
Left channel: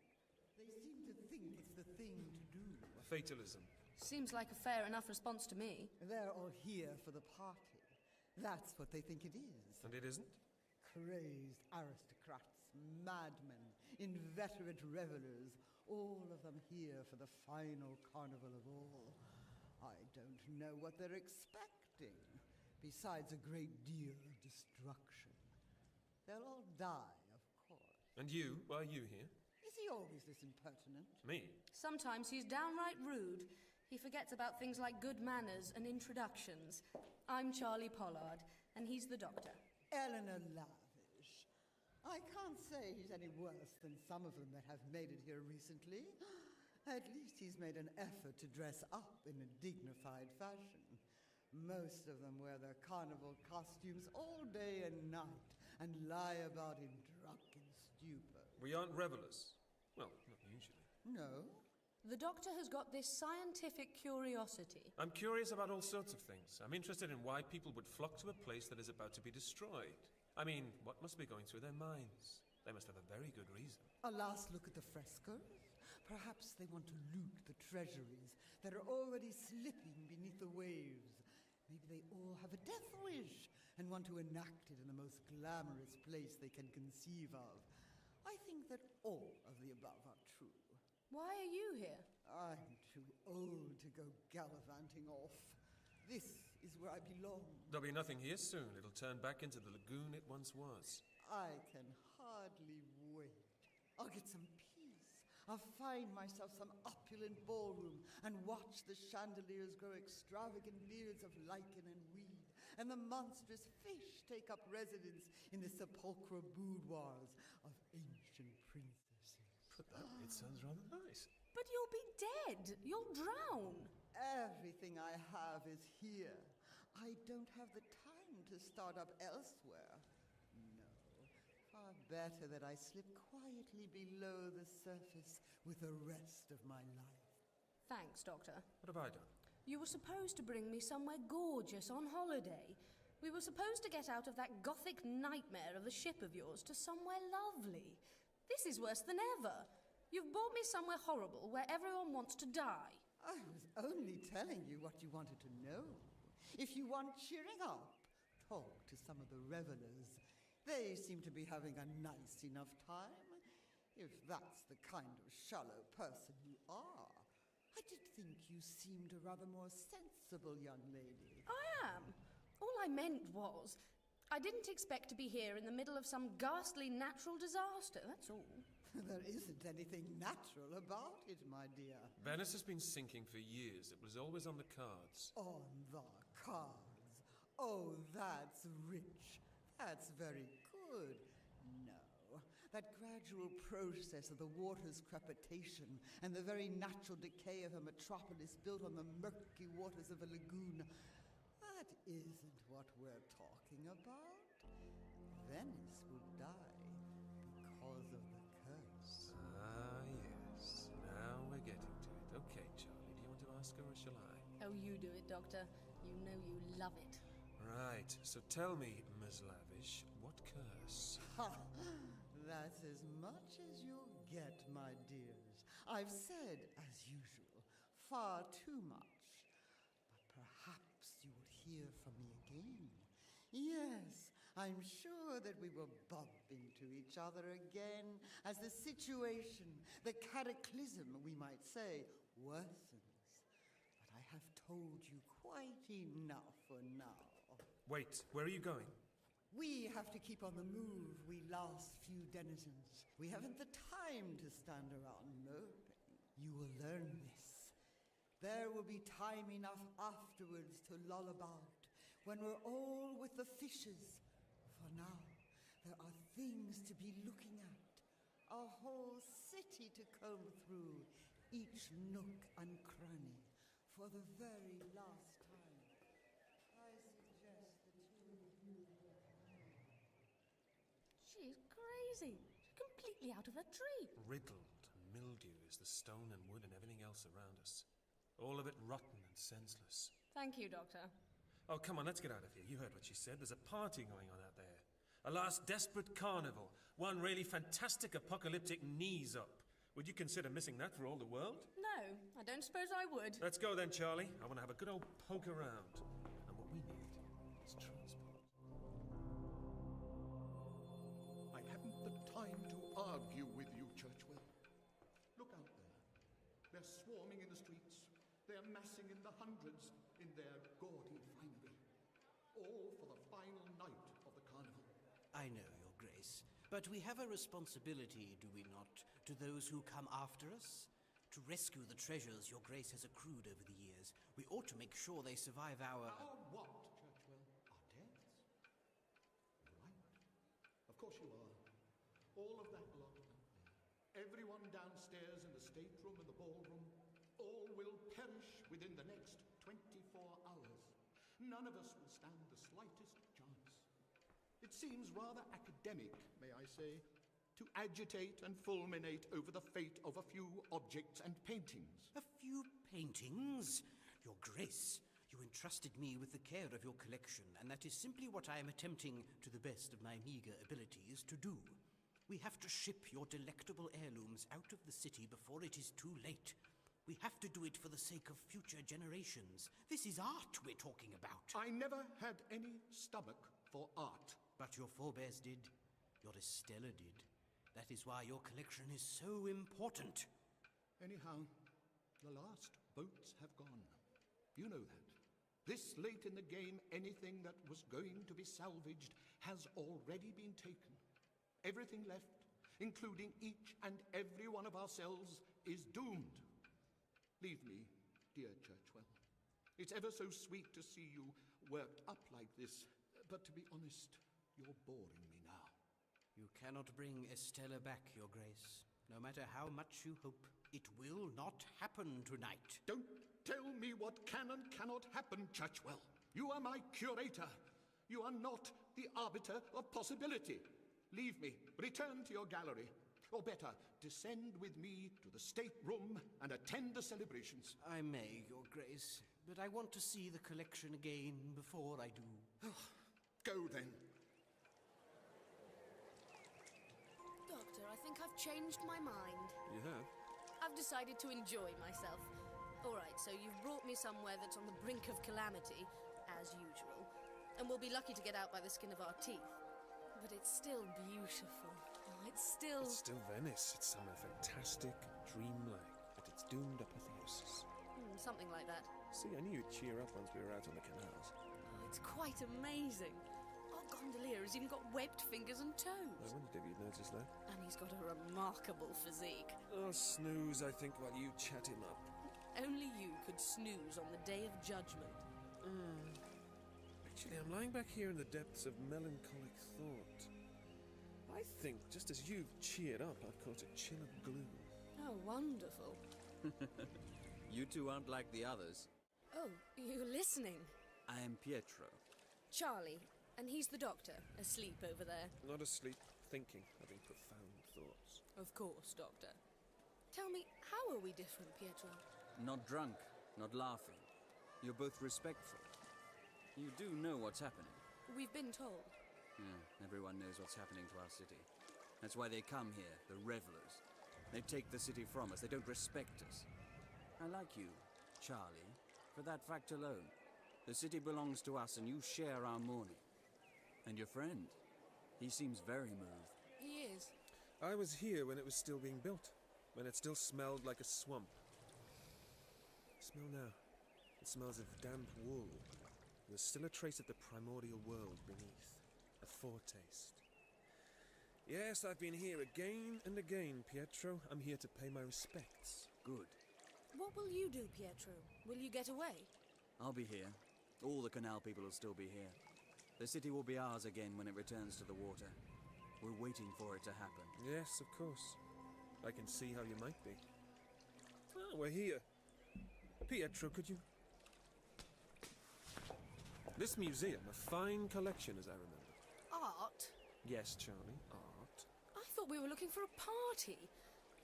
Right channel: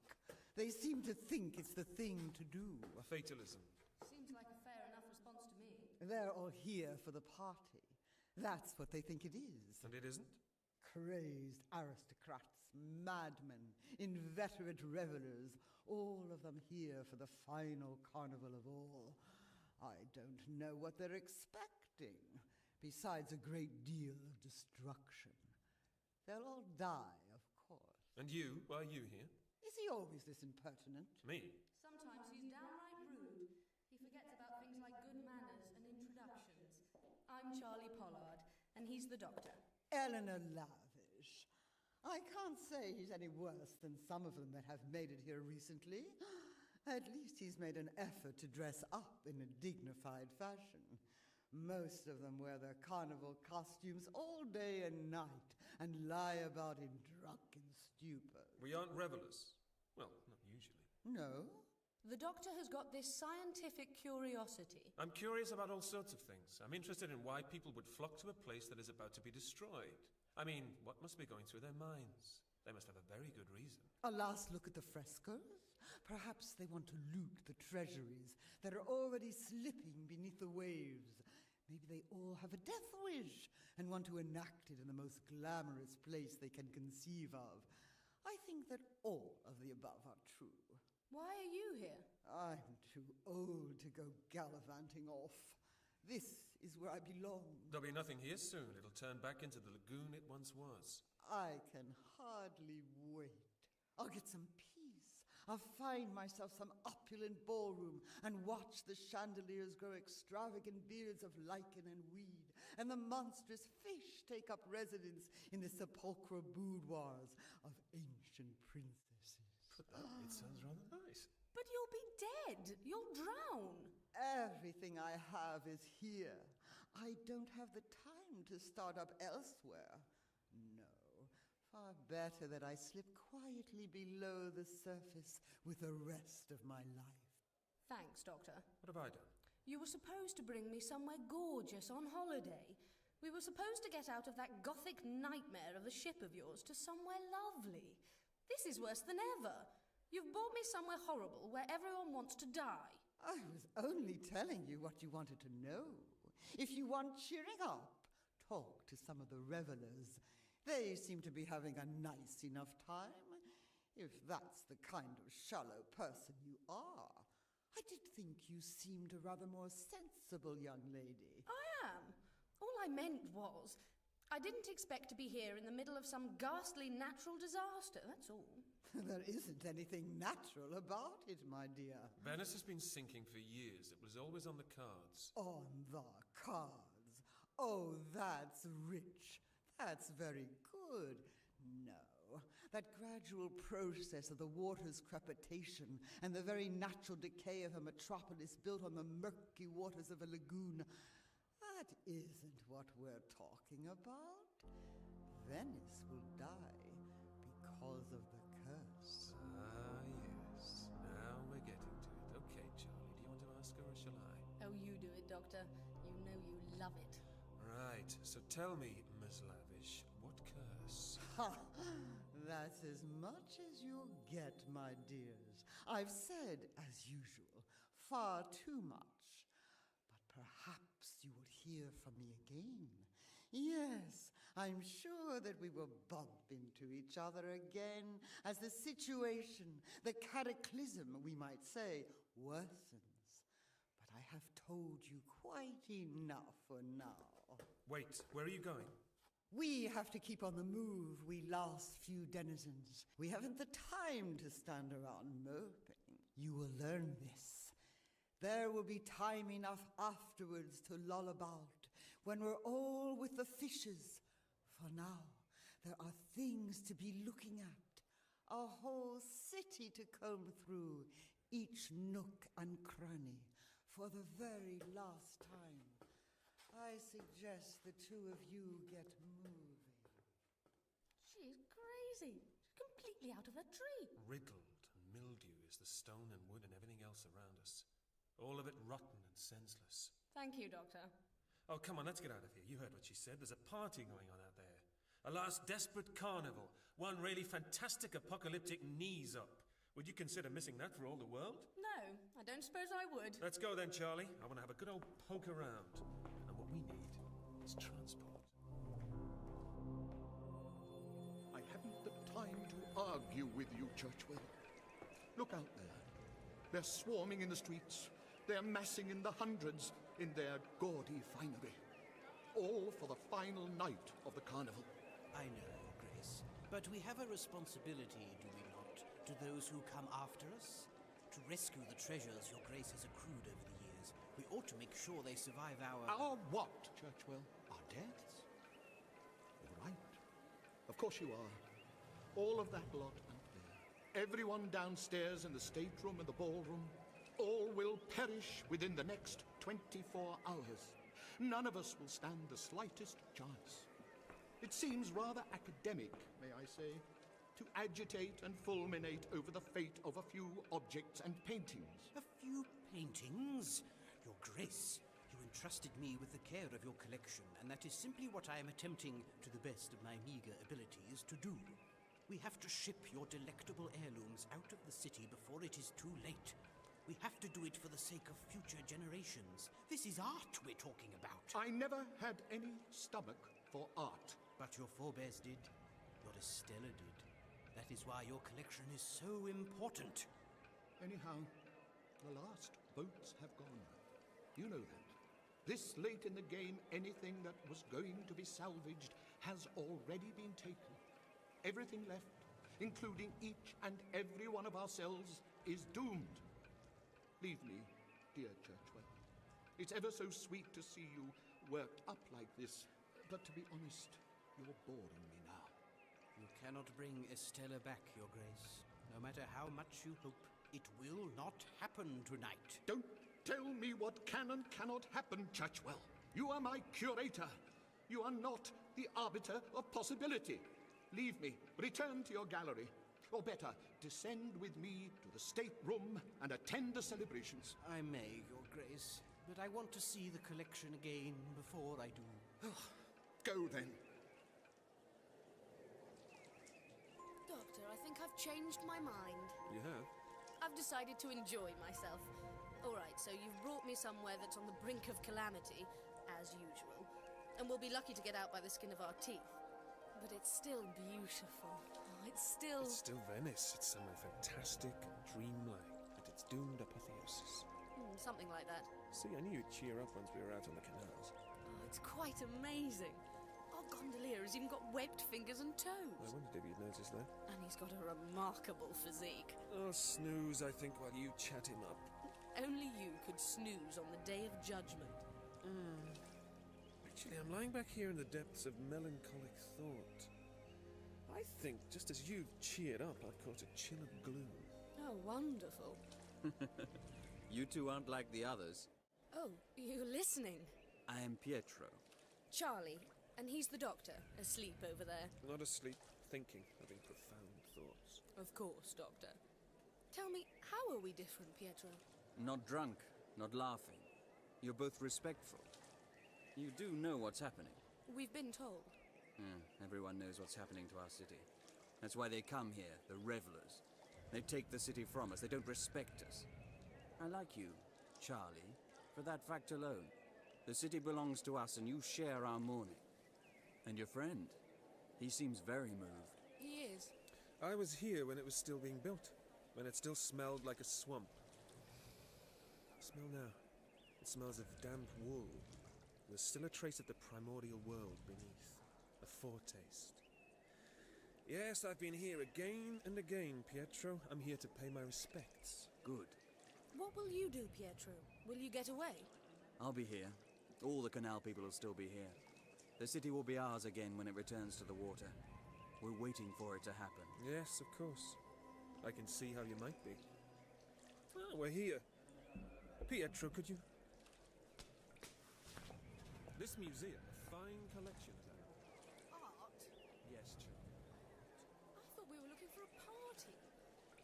They seem to think it's the thing to do. Fatalism. Seems like a fair enough response to me. They're all here for the party. That's what they think it is. And it isn't? Crazed aristocrats, madmen, inveterate revelers, all of them here for the final carnival of all. I don't know what they're expecting, besides a great deal of destruction. They'll all die, of course. And you? Why are you here? Is he always this impertinent? Me? Sometimes he's downright rude. He forgets about things like good manners and introductions. I'm Charlie Pollard, and he's the doctor. Eleanor Lavish. I can't say he's any worse than some of them that have made it here recently. At least he's made an effort to dress up in a dignified fashion. Most of them wear their carnival costumes all day and night and lie about in drunken stupor. We aren't revelers. Well, not usually. No? The doctor has got this scientific curiosity. I'm curious about all sorts of things. I'm interested in why people would flock to a place that is about to be destroyed. I mean, what must be going through their minds? They must have a very good reason. A last look at the frescoes? Perhaps they want to loot the treasuries that are already slipping beneath the waves. Maybe they all have a death wish and want to enact it in the most glamorous place they can conceive of. I think that all of the above are true. Why are you here? I'm too old to go gallivanting off. This is where I belong. There'll be nothing here soon. It'll turn back into the lagoon it once was. I can hardly wait. I'll get some peace. I'll find myself some opulent ballroom and watch the chandeliers grow extravagant beards of lichen and weed, and the monstrous fish take up residence in the sepulchral boudoirs of ancient princesses. Put that way, it sounds rather nice. But you'll be dead. You'll drown. Everything I have is here. I don't have the time to start up elsewhere. No. Far better that I slip quietly below the surface with the rest of my life. Thanks, Doctor. What have I done? You were supposed to bring me somewhere gorgeous on holiday. We were supposed to get out of that gothic nightmare of the ship of yours to somewhere lovely. This is worse than ever. You've brought me somewhere horrible where everyone wants to die. I was only telling you what you wanted to know. If you want cheering up, talk to some of the revelers. They seem to be having a nice enough time. if that's the kind of shallow person you are. I did think you seemed a rather more sensible young lady. I am. All I meant was, I didn't expect to be here in the middle of some ghastly natural disaster, that's all. There isn't anything natural about it, my dear. Venice has been sinking for years. It was always on the cards. On the cards. Oh, that's rich. That's very good. No, that gradual process of the water's crepitation and the very natural decay of a metropolis built on the murky waters of a lagoon, that isn't what we're talking about. Venice will die because of the curse. Ah, yes. Now we're getting to it. Okay, Charlie, do you want to ask her or shall I? Oh, you do it, Doctor. You know you love it. Right, so tell me, Ms. Lavish, what curse? Ha! That's as much as you'll get, my dears. I've said, as usual, far too much. But perhaps you will hear from me again. Yes, I'm sure that we will bump into each other again as the situation, the cataclysm, we might say, worsens. But I have told you quite enough for now. Wait, where are you going? We have to keep on the move, we last few denizens. We haven't the time to stand around moping. You will learn this. There will be time enough afterwards to loll about, when we're all with the fishes. For now, there are things to be looking at, a whole city to comb through, each nook and cranny, for the very last time. I suggest the two of you get moving. She's crazy. She's completely out of her tree. Riddled and mildew is the stone and wood and everything else around us. All of it rotten and senseless. Thank you, Doctor. Oh, come on, let's get out of here. You heard what she said. There's a party going on out there. A last desperate carnival. One really fantastic apocalyptic knees up. Would you consider missing that for all the world? No, I don't suppose I would. Let's go then, Charlie. I want to have a good old poke around. And what we need is transport. I haven't the time to argue with you, Churchwell. Look out there. They're swarming in the streets. They're massing in the hundreds in their gaudy finery. All for the final night of the carnival. I know, Your Grace, but we have a responsibility, do we not, to those who come after us? To rescue the treasures Your Grace has accrued over the years. We ought to make sure they survive our... Our what, Churchwell? Our deaths? You're right. Of course you are. All of that lot out there. Everyone downstairs in the stateroom and the ballroom. All will perish within the next 24 hours. None of us will stand the slightest chance. It seems rather academic, may I say, to agitate and fulminate over the fate of a few objects and paintings. A few paintings? Your Grace, you entrusted me with the care of your collection, and that is simply what I am attempting, to the best of my meager abilities, to do. We have to ship your delectable heirlooms out of the city before it is too late. We have to do it for the sake of future generations. This is art we're talking about. I never had any stomach for art. But your forebears did. Your Estella did. That is why your collection is so important. Anyhow, the last boats have gone. You know that. This late in the game, anything that was going to be salvaged has already been taken. Everything left, including each and every one of ourselves, is doomed. Leave me, dear Churchwell. It's ever so sweet to see you worked up like this, but to be honest, you're boring me now. You cannot bring Estella back, Your Grace. No matter how much you hope, it will not happen tonight. Don't tell me what can and cannot happen, Churchwell. You are my curator. You are not the arbiter of possibility. Leave me. Return to your gallery. Or better, descend with me to the stateroom and attend the celebrations. I may, Your Grace, but I want to see the collection again before I do. Go then. Doctor, I think I've changed my mind. You have? I've decided to enjoy myself. All right, so you've brought me somewhere that's on the brink of calamity, as usual, and we'll be lucky to get out by the skin of our teeth. But it's still beautiful. Oh, I it's still... It's still Venice. It's somewhere fantastic and dreamlike at its doomed apotheosis. Something like that. See, I knew you'd cheer up once we were out on the canals. Oh, it's quite amazing. Our gondolier has even got webbed fingers and toes. I wondered if you'd noticed that. And he's got a remarkable physique. I'll snooze, I think, while you chat him up. Only you could snooze on the Day of Judgment. Actually, I'm lying back here in the depths of melancholic thought. I think, just as you've cheered up, I've caught a chill of gloom. Oh, wonderful. You two aren't like the others. Oh, you're listening. I am Pietro. Charlie, and he's the doctor, asleep over there. Not asleep, thinking, having profound thoughts. Of course, Doctor. Tell me, how are we different, Pietro? Not drunk, not laughing. You're both respectful. You do know what's happening. We've been told. Yeah, everyone knows what's happening to our city. That's why they come here, the revelers. They take the city from us, they don't respect us. I like you, Charlie, for that fact alone. The city belongs to us and you share our mourning. And your friend, he seems very moved. He is. I was here when it was still being built, when it still smelled like a swamp. Smell now. It smells of damp wool. There's still a trace of the primordial world beneath. A foretaste. Yes, I've been here again and again, Pietro. I'm here to pay my respects. Good. What will you do, Pietro? Will you get away? I'll be here. All the canal people will still be here. The city will be ours again when it returns to the water. We're waiting for it to happen. Yes, of course. I can see how you might be. Oh, we're here. Pietro, could you... This museum, a fine collection, as I remember. Art? Yes, Charlie, art. I thought we were looking for a party.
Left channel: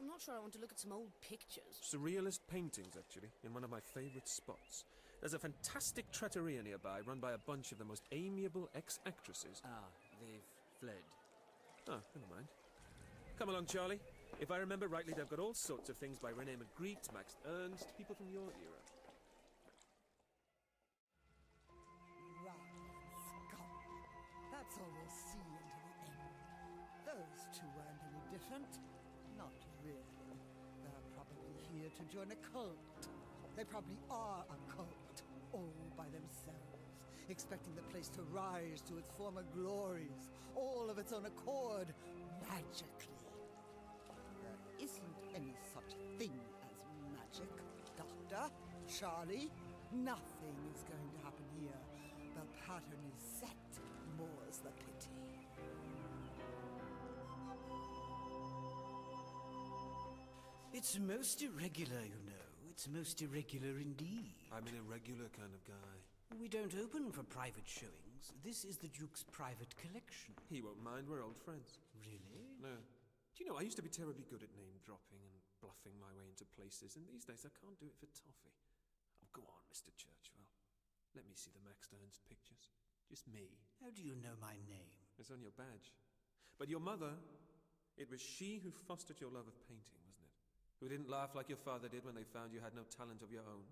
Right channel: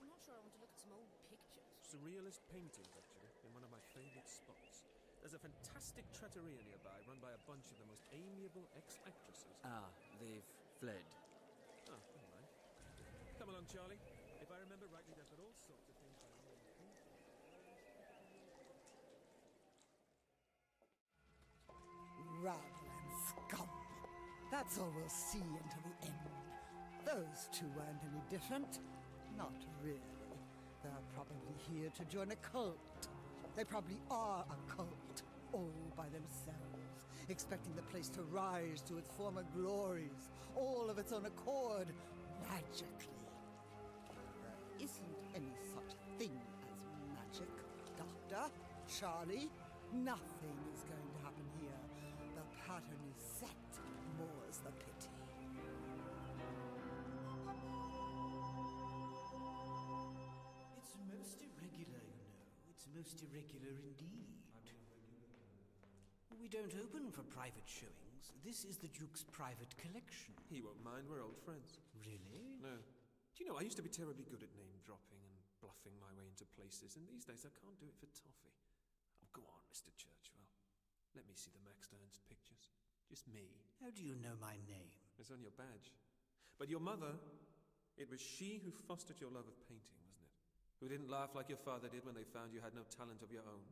I'm not sure I want to look at some old pictures. Surrealist paintings, actually, in one of my favourite spots. There's a fantastic trattoria nearby, run by a bunch of the most amiable ex-actresses. Ah, they've fled. Oh, never mind. Come along, Charlie. If I remember rightly, they've got all sorts of things by René Magritte, Max Ernst, people from your era. Rabble and scum. That's all we'll see until the end. Those two weren't any different. Not really. They're probably here to join a cult. They probably are a cult, all by themselves, expecting the place to rise to its former glories, all of its own accord, magically. There isn't any such thing as magic, Doctor. Charlie, nothing is going to happen here. The pattern is set, more's the pity. It's most irregular, you know. It's most irregular indeed. I'm an irregular kind of guy. We don't open for private showings. This is the Duke's private collection. He won't mind, we're old friends. Really? No. Do you know, I used to be terribly good at name-dropping and bluffing my way into places, and these days I can't do it for toffee. Oh, go on, Mr. Churchwell. Let me see the Max Ernst pictures. Just me. How do you know my name? It's on your badge. But your mother, it was she who fostered your love of painting, wasn't it? Who didn't laugh like your father did when they found you had no talent of your own?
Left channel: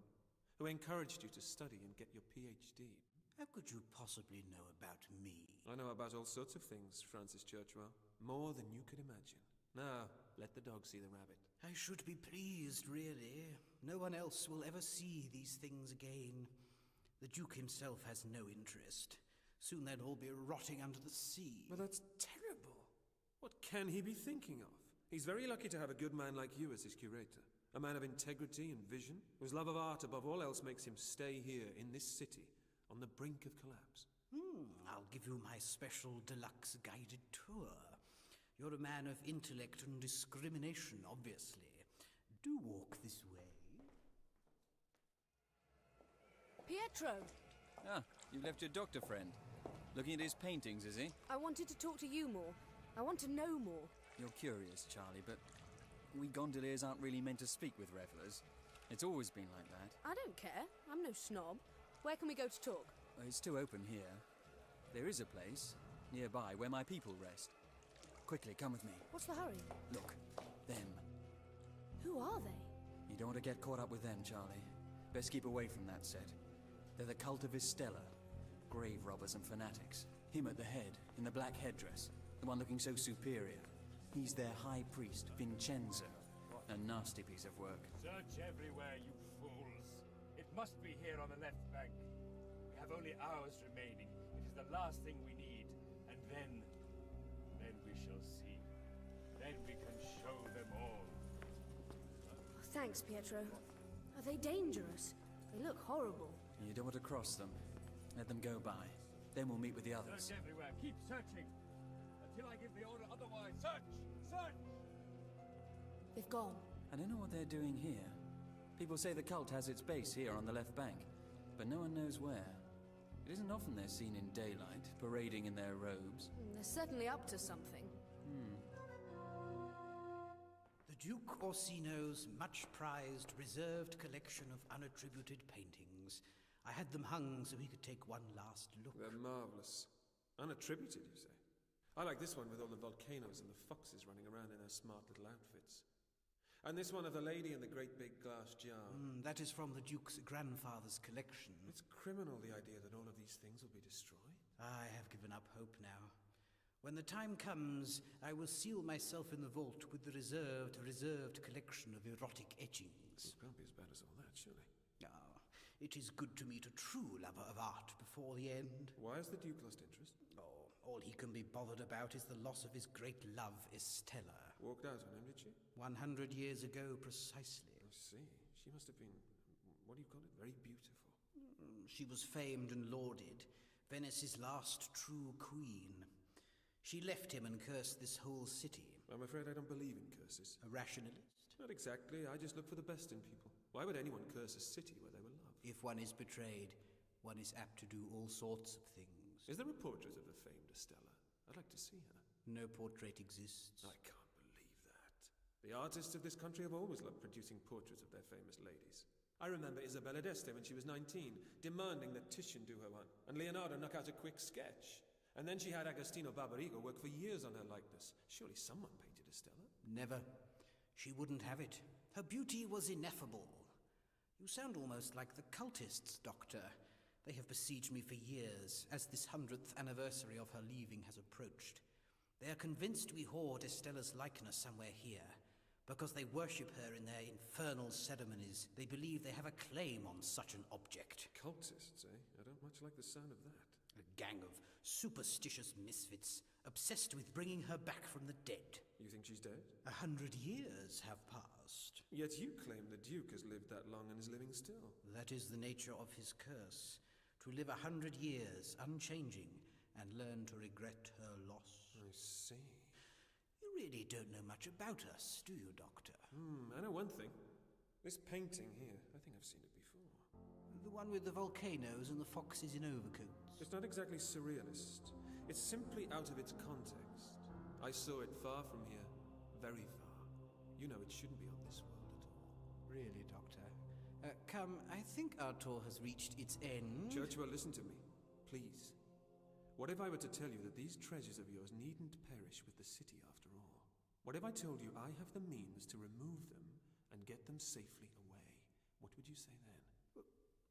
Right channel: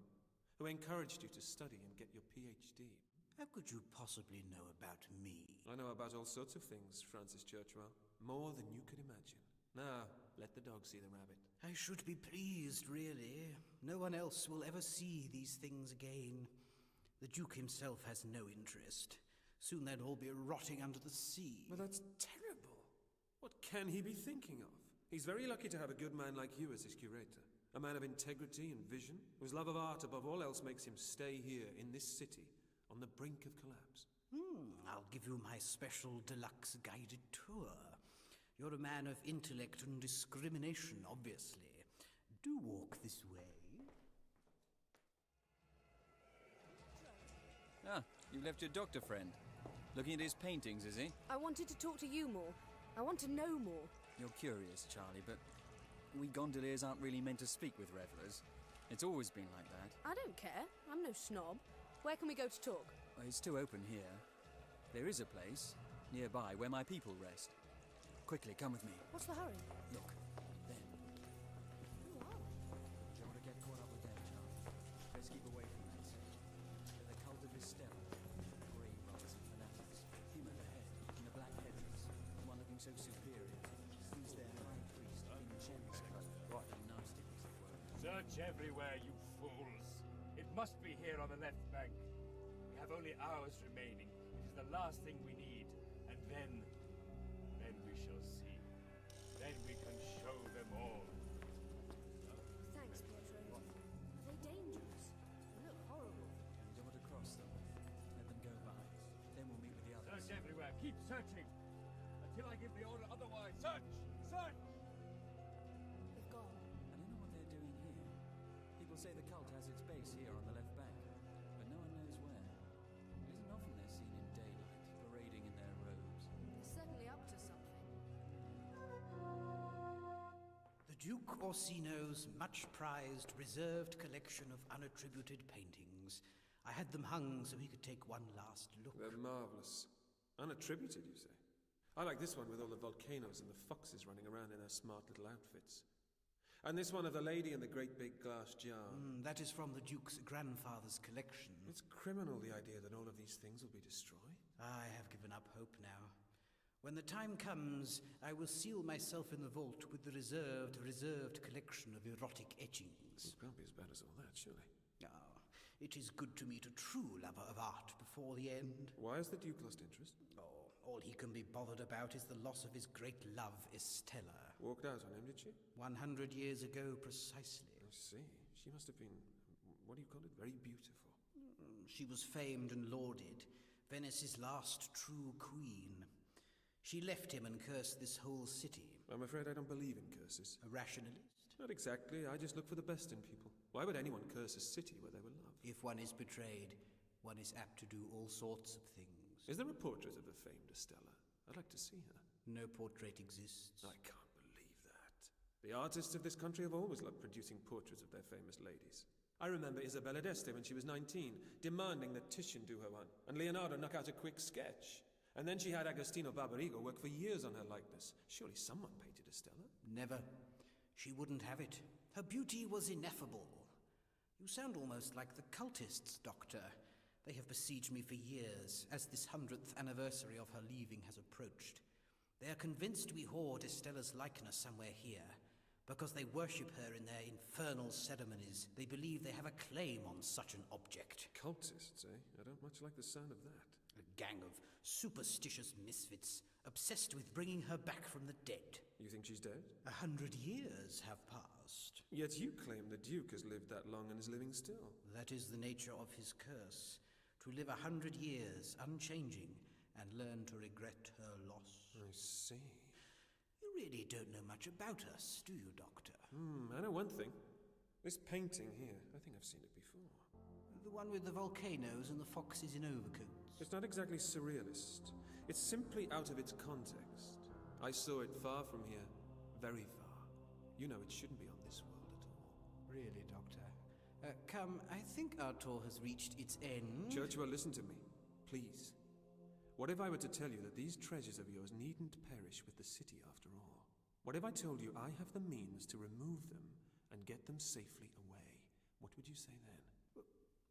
Who encouraged you to study and get your PhD? How could you possibly know about me? I know about all sorts of things, Francis Churchwell. More than you could imagine. Now, let the dog see the rabbit. I should be pleased, really. No one else will ever see these things again. The Duke himself has no interest. Soon they'll all be rotting under the sea. Well, that's terrible. What can he be thinking of? He's very lucky to have a good man like you as his curator. A man of integrity and vision, whose love of art above all else makes him stay here in this city, on the brink of collapse. I'll give you my special deluxe guided tour. You're a man of intellect and discrimination, obviously. Do walk this way. Pietro! Ah, you left your doctor friend. Looking at his paintings, is he? I wanted to talk to you more. I want to know more. You're curious, Charlie, but we gondoliers aren't really meant to speak with revelers. It's always been like that. I don't care. I'm no snob. Where can we go to talk? Well, it's too open here. There is a place nearby where my people rest. Quickly, come with me. What's the hurry? Look, them. Who are they? You don't want to get caught up with them, Charlie. Best keep away from that set. They're the cult of Estella. Grave robbers and fanatics. Him at the head, in the black headdress. The one looking so superior. He's their high priest, Vincenzo. What a nasty piece of work. Search everywhere, you fools. It must be here on the left bank. We have only hours remaining. It is the last thing we need. And then we shall see. Then we can show them all. Thanks, Pietro. Are they dangerous? They look horrible. You don't want to cross them. Let them go by. Then we'll meet with the others. Search everywhere. Keep searching. Until I give the order otherwise. Search! Search! They've gone. I don't know what they're doing here. People say the cult has its base here on the left bank, but no one knows where. It isn't often they're seen in daylight, parading in their robes. They're certainly up to something. The Duke Orsino's much-prized, reserved collection of unattributed paintings. I had them hung so he could take one last look. They're marvelous. Unattributed, you say? I like this one with all the volcanoes and the foxes running around in their smart little outfits. And this one of the lady in the great big glass jar. That is from the Duke's grandfather's collection. It's criminal, the idea that all of these things will be destroyed. I have given up hope now. When the time comes, I will seal myself in the vault with the reserved collection of erotic etchings. It can't be as bad as all that, surely. It is good to meet a true lover of art before the end. Why has the Duke lost interest? All he can be bothered about is the loss of his great love, Estella. Walked out on him, did she? 100 years ago, precisely. I see. She must have been, what do you call it, very beautiful. She was famed and lauded, Venice's last true queen. She left him and cursed this whole city. I'm afraid I don't believe in curses. A rationalist? Not exactly. I just look for the best in people. Why would anyone curse a city where they were loved? If one is betrayed, one is apt to do all sorts of things. Is there a portrait of the famed Estella? I'd like to see her. No portrait exists. I can't believe that. The artists of this country have always loved producing portraits of their famous ladies. I remember Isabella d'Este when she was 19, demanding that Titian do her one, and Leonardo knock out a quick sketch. And then she had Agostino Barbarigo work for years on her likeness. Surely someone painted Estella? Never. She wouldn't have it. Her beauty was ineffable. You sound almost like the cultists, Doctor. They have besieged me for years, as this 100th anniversary of her leaving has approached. They are convinced we hoard Estella's likeness somewhere here, because they worship her in their infernal ceremonies. They believe they have a claim on such an object. Cultists, eh? I don't much like the sound of that. A gang of superstitious misfits, obsessed with bringing her back from the dead. You think she's dead? 100 years have passed. Yet you claim the Duke has lived that long and is living still. That is the nature of his curse. To live 100 years, unchanging, and learn to regret her loss. I see. You really don't know much about us, do you, Doctor? I know one thing. This painting here, I think I've seen it before. The one with the volcanoes and the foxes in overcoats. It's not exactly surrealist. It's simply out of its context. I saw it far from here, very far. You know it shouldn't be on this world at all. Really, Doctor? Come, I think our tour has reached its end. Churchill, listen to me, please. What if I were to tell you that these treasures of yours needn't perish with the city after all? What if I told you I have the means to remove them and get them safely away? What would you say then?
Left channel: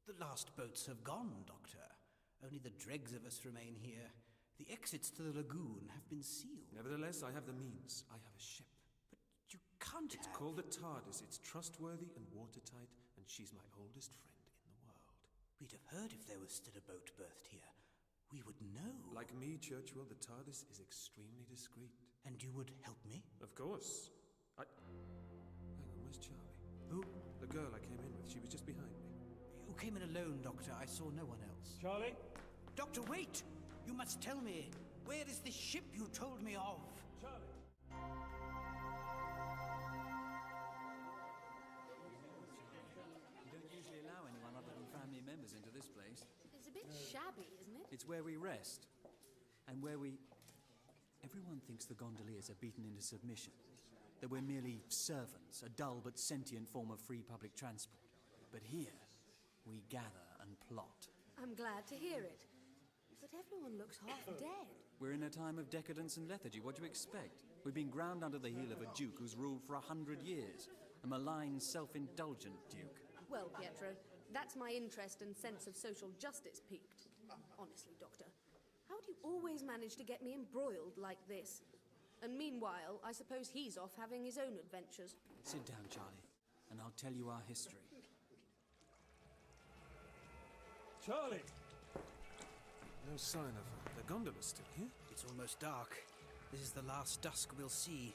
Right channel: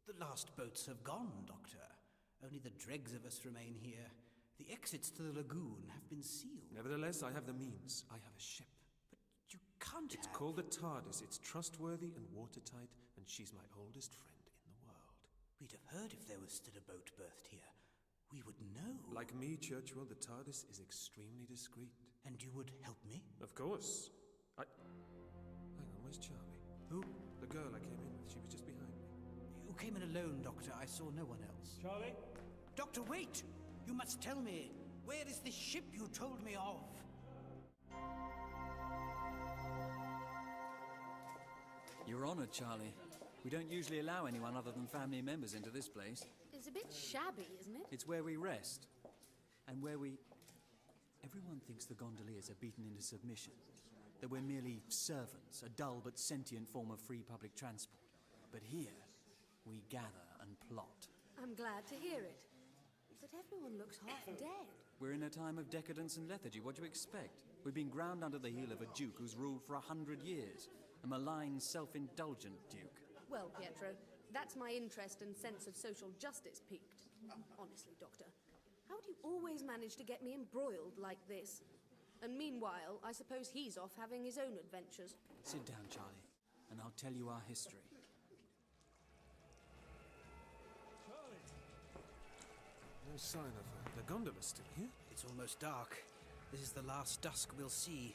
The last boats have gone, Doctor. Only the dregs of us remain here. The exits to the lagoon have been sealed. Nevertheless, I have the means. I have a ship. But you can't It's called the TARDIS. It's trustworthy and watertight, and she's my oldest friend in the world. We'd have heard if there was still a boat berthed here. We would know. Like me, Churchill, the TARDIS is extremely discreet. And you would help me? Of course. Hang on, where's Charlie? Who? The girl I came in with. She was just behind me. You came in alone, Doctor. I saw no one else. Charlie? Doctor, wait! You must tell me. Where is this ship you told me of? Your Honor, Charlie. We don't usually allow anyone other than family members into this place. It's a bit shabby, isn't it? It's where we rest. And where we... Everyone thinks the gondoliers are beaten into submission. That we're merely servants, a dull but sentient form of free public transport. But here, we gather and plot. I'm glad to hear it. But everyone looks half dead. We're in a time of decadence and lethargy. What do you expect? We've been ground under the heel of a duke who's ruled for 100 years. A malign, self-indulgent duke. Well, Pietro, that's my interest and sense of social justice piqued. Honestly, Doctor, how do you always manage to get me embroiled like this? And meanwhile, I suppose he's off having his own adventures. Sit down, Charlie, and I'll tell you our history. Charlie! No sign of her. The gondola's still here? It's almost dark. This is the last dusk we'll see.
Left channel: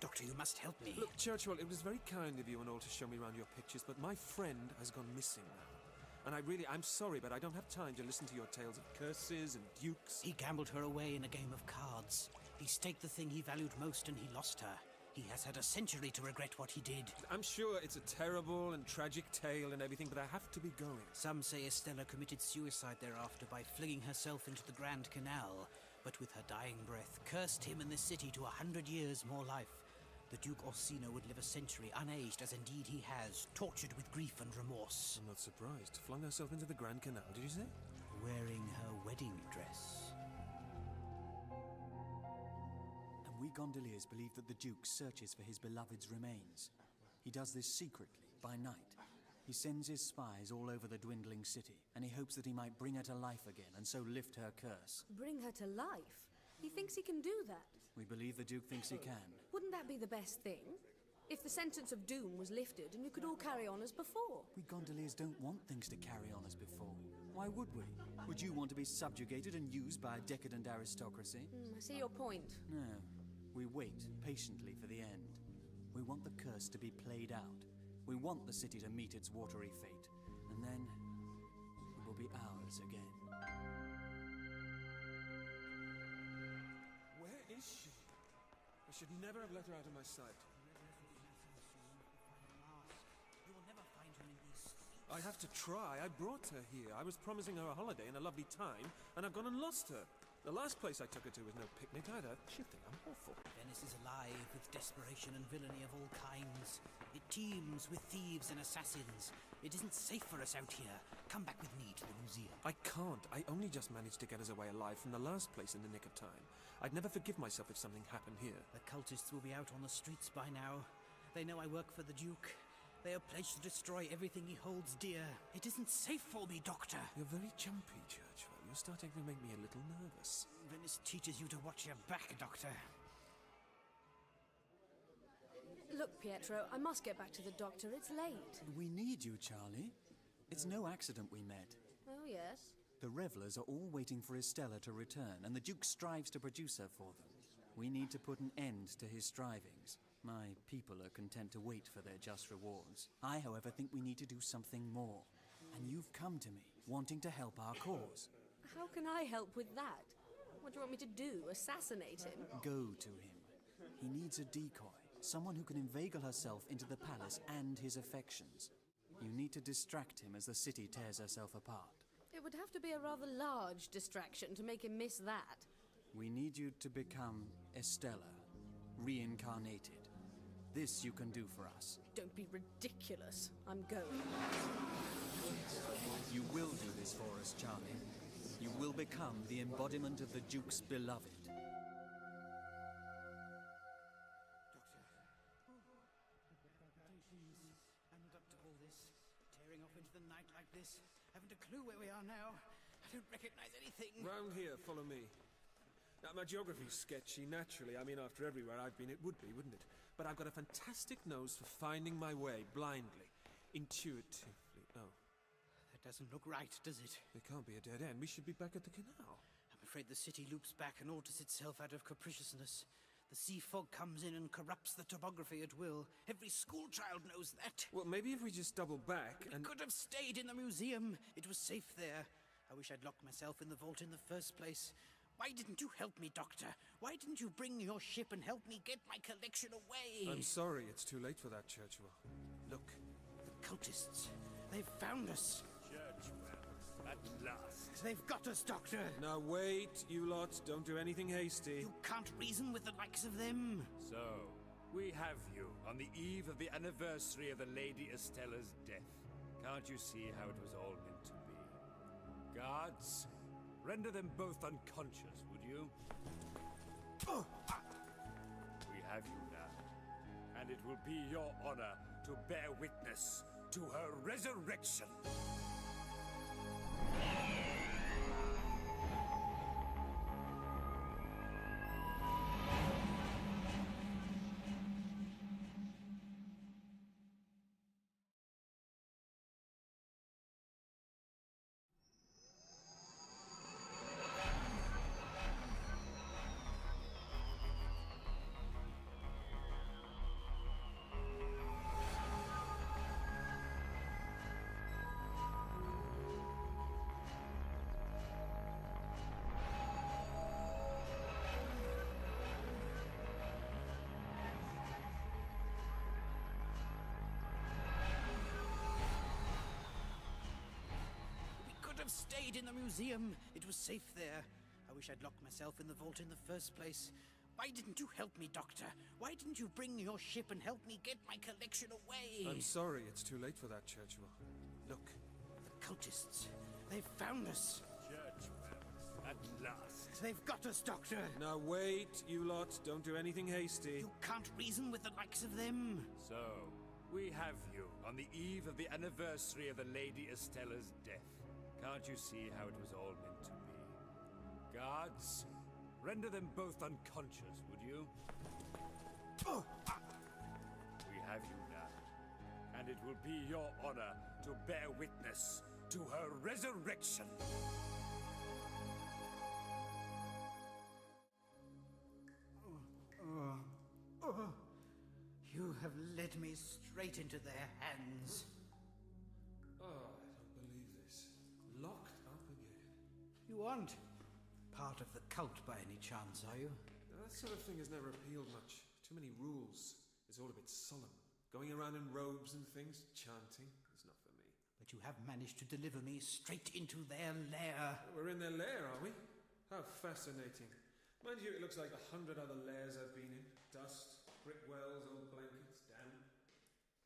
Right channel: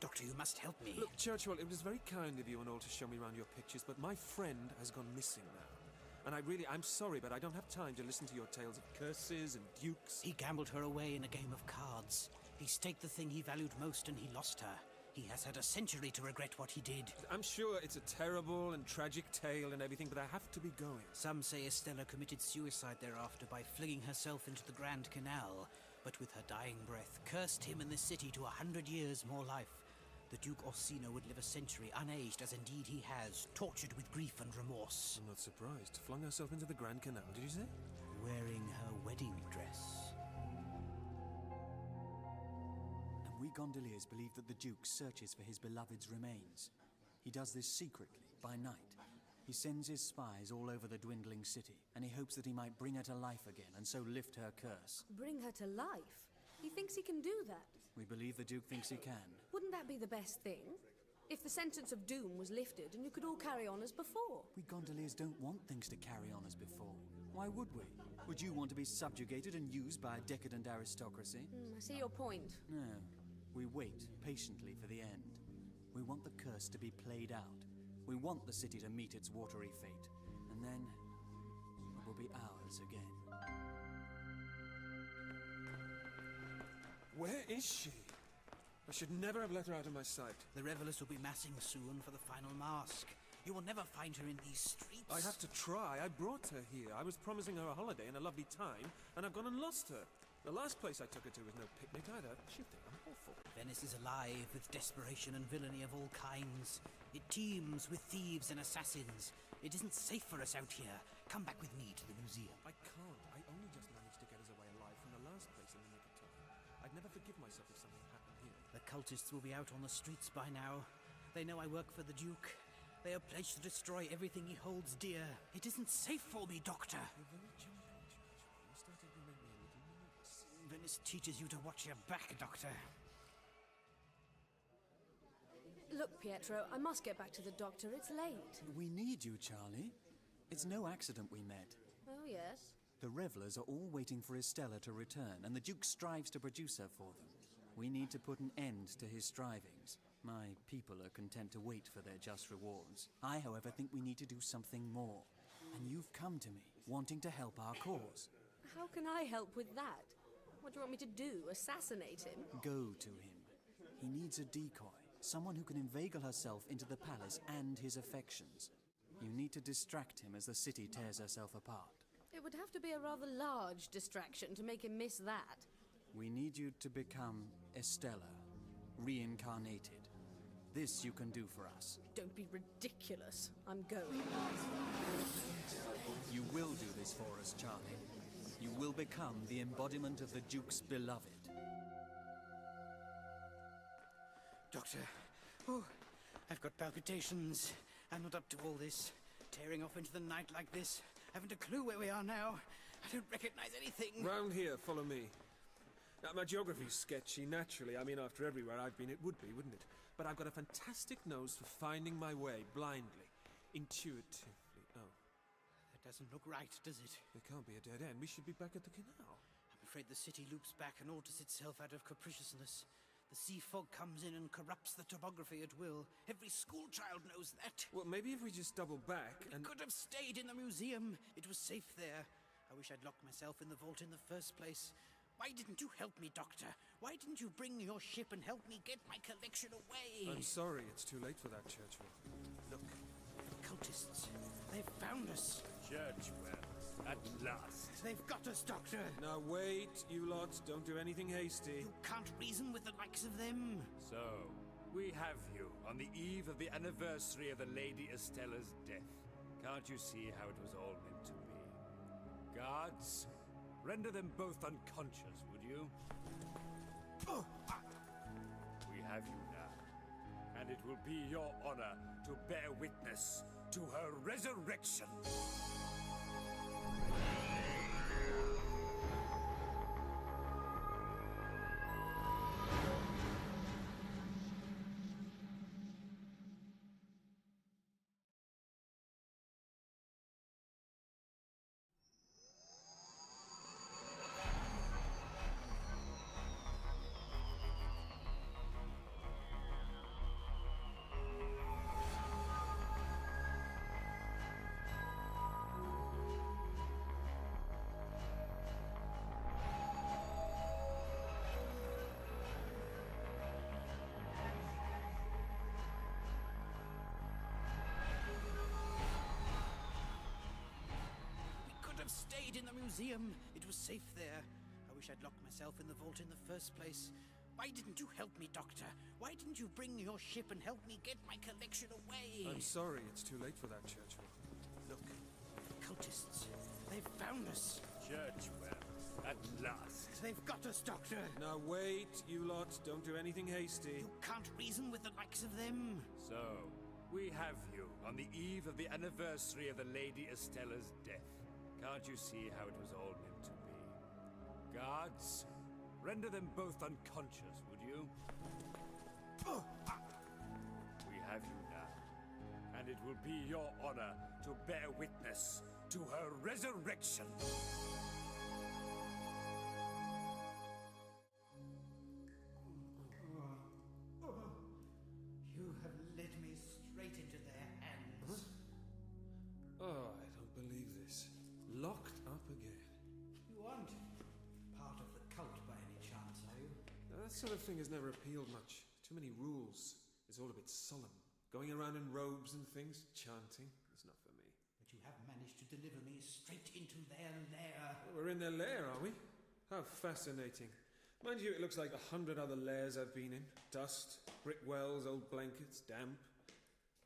Doctor, you must help me. Look, Churchwell, it was very kind of you and all to show me around your pictures, but my friend has gone missing now. And I'm sorry, but I don't have time to listen to your tales of curses and dukes. He gambled her away in a game of cards. He staked the thing he valued most and he lost her. He has had a century to regret what he did. I'm sure it's a terrible and tragic tale and everything, but I have to be going. Some say Estella committed suicide thereafter by flinging herself into the Grand Canal, but with her dying breath cursed him and this city to 100 years more life. The Duke Orsino would live a century unaged, as indeed he has, tortured with grief and remorse. I'm not surprised. Flung herself into the Grand Canal, did you say? Wearing her wedding dress. And we gondoliers believe that the Duke searches for his beloved's remains. He does this secretly, by night. He sends his spies all over the dwindling city, and he hopes that he might bring her to life again, and so lift her curse. Bring her to life? He thinks he can do that? We believe the Duke thinks he can. Wouldn't that be the best thing? If the sentence of doom was lifted and you could all carry on as before. We gondoliers don't want things to carry on as before. Why would we? Would you want to be subjugated and used by a decadent aristocracy? I see your point. No. We wait patiently for the end. We want the curse to be played out. We want the city to meet its watery fate. And then it will be ours again. Where is she? I should never have let her out of my sight. The revelers will be massing soon for the final mask. You will never find her in these streets. I have to try. I brought her here. I was promising her a holiday and a lovely time, and I've gone and lost her. The last place I took her to was no picnic either. She'll think I'm awful. Venice is alive with desperation and villainy of all kinds. It teems with thieves and assassins. It isn't safe for us out here. Come back with me to the museum. I can't. I only just managed to get us away alive from the last place in the nick of time. I'd never forgive myself if something happened here. The cultists will be out on the streets by now. They know I work for the Duke. They are pledged to destroy everything he holds dear. It isn't safe for me, Doctor. You're very jumpy, Churchwell. You're starting to make me a little nervous. Venice teaches you to watch your back, Doctor. Look, Pietro, I must get back to the doctor. It's late. We need you, Charlie. It's no accident we met. Oh, yes? The revelers are all waiting for Estella to return, and the Duke strives to produce her for them. We need to put an end to his strivings. My people are content to wait for their just rewards. I, however, think we need to do something more. And you've come to me, wanting to help our cause. How can I help with that? What do you want me to do? Assassinate him? Go to him. He needs a decoy, someone who can inveigle herself into the palace and his affections. You need to distract him as the city tears herself apart. It would have to be a rather large distraction to make him miss that. We need you to become Estella, reincarnated. This you can do for us. Don't be ridiculous. I'm going. You will do this for us, Charlie. You will become the embodiment of the Duke's beloved. Doctor, I've got palpitations. I'm not up to all this. Tearing off into the night like this. Haven't a clue where we are now. I don't recognize anything. Round here, follow me. Now, my geography's sketchy, naturally. I mean, after everywhere I've been, it would be, wouldn't it? But I've got a fantastic nose for finding my way, blindly, intuitively. Oh. That doesn't look right, does it? There can't be a dead end. We should be back at the canal. I'm afraid the city loops back and alters itself out of capriciousness. The sea fog comes in and corrupts the topography at will. Every schoolchild knows that. Well, maybe if we just double back We could have stayed in the museum. It was safe there. I wish I'd locked myself in the vault in the first place. Why didn't you help me, Doctor? Why didn't you bring your ship and help me get my collection away? I'm sorry, it's too late for that, Churchwell. Look, the cultists. They've found us. Churchwell, at last. They've got us, Doctor. Now wait, you lot. Don't do anything hasty. You can't reason with the likes of them. So, we have you on the eve of the anniversary of the Lady Estella's death. Can't you see how it was all meant to be? Guards, render them both unconscious, would you? We have you now, and it will be your honor to bear witness to her resurrection. have stayed in the museum. It was safe there. I wish I'd locked myself in the vault in the first place. Why didn't you help me, Doctor? Why didn't you bring your ship and help me get my collection away? I'm sorry, it's too late for that, Churchill. Look, cultists. They've found us. Churchwell, at last. They've got us, Doctor. Now wait, you lot. Don't do anything hasty. You can't reason with the likes of them. So, we have you on the eve of the anniversary of the Lady Estella's death. Can't you see how it was all meant to be? Guards, render them both unconscious, would you? We have you now, and it will be your honor to bear witness to her resurrection. You have led me straight into their hands. Oh, I don't believe this. Locked up again. You aren't part of the cult by any chance, are you? Now, that sort of thing has never appealed much. Too many rules. It's all a bit solemn. Going around in robes and things, chanting. It's not for me. But you have managed to deliver me straight into their lair. We're in their lair, are we? How fascinating. Mind you, it looks like 100 other lairs I've been in. Dust, brick wells, old blankets, damp.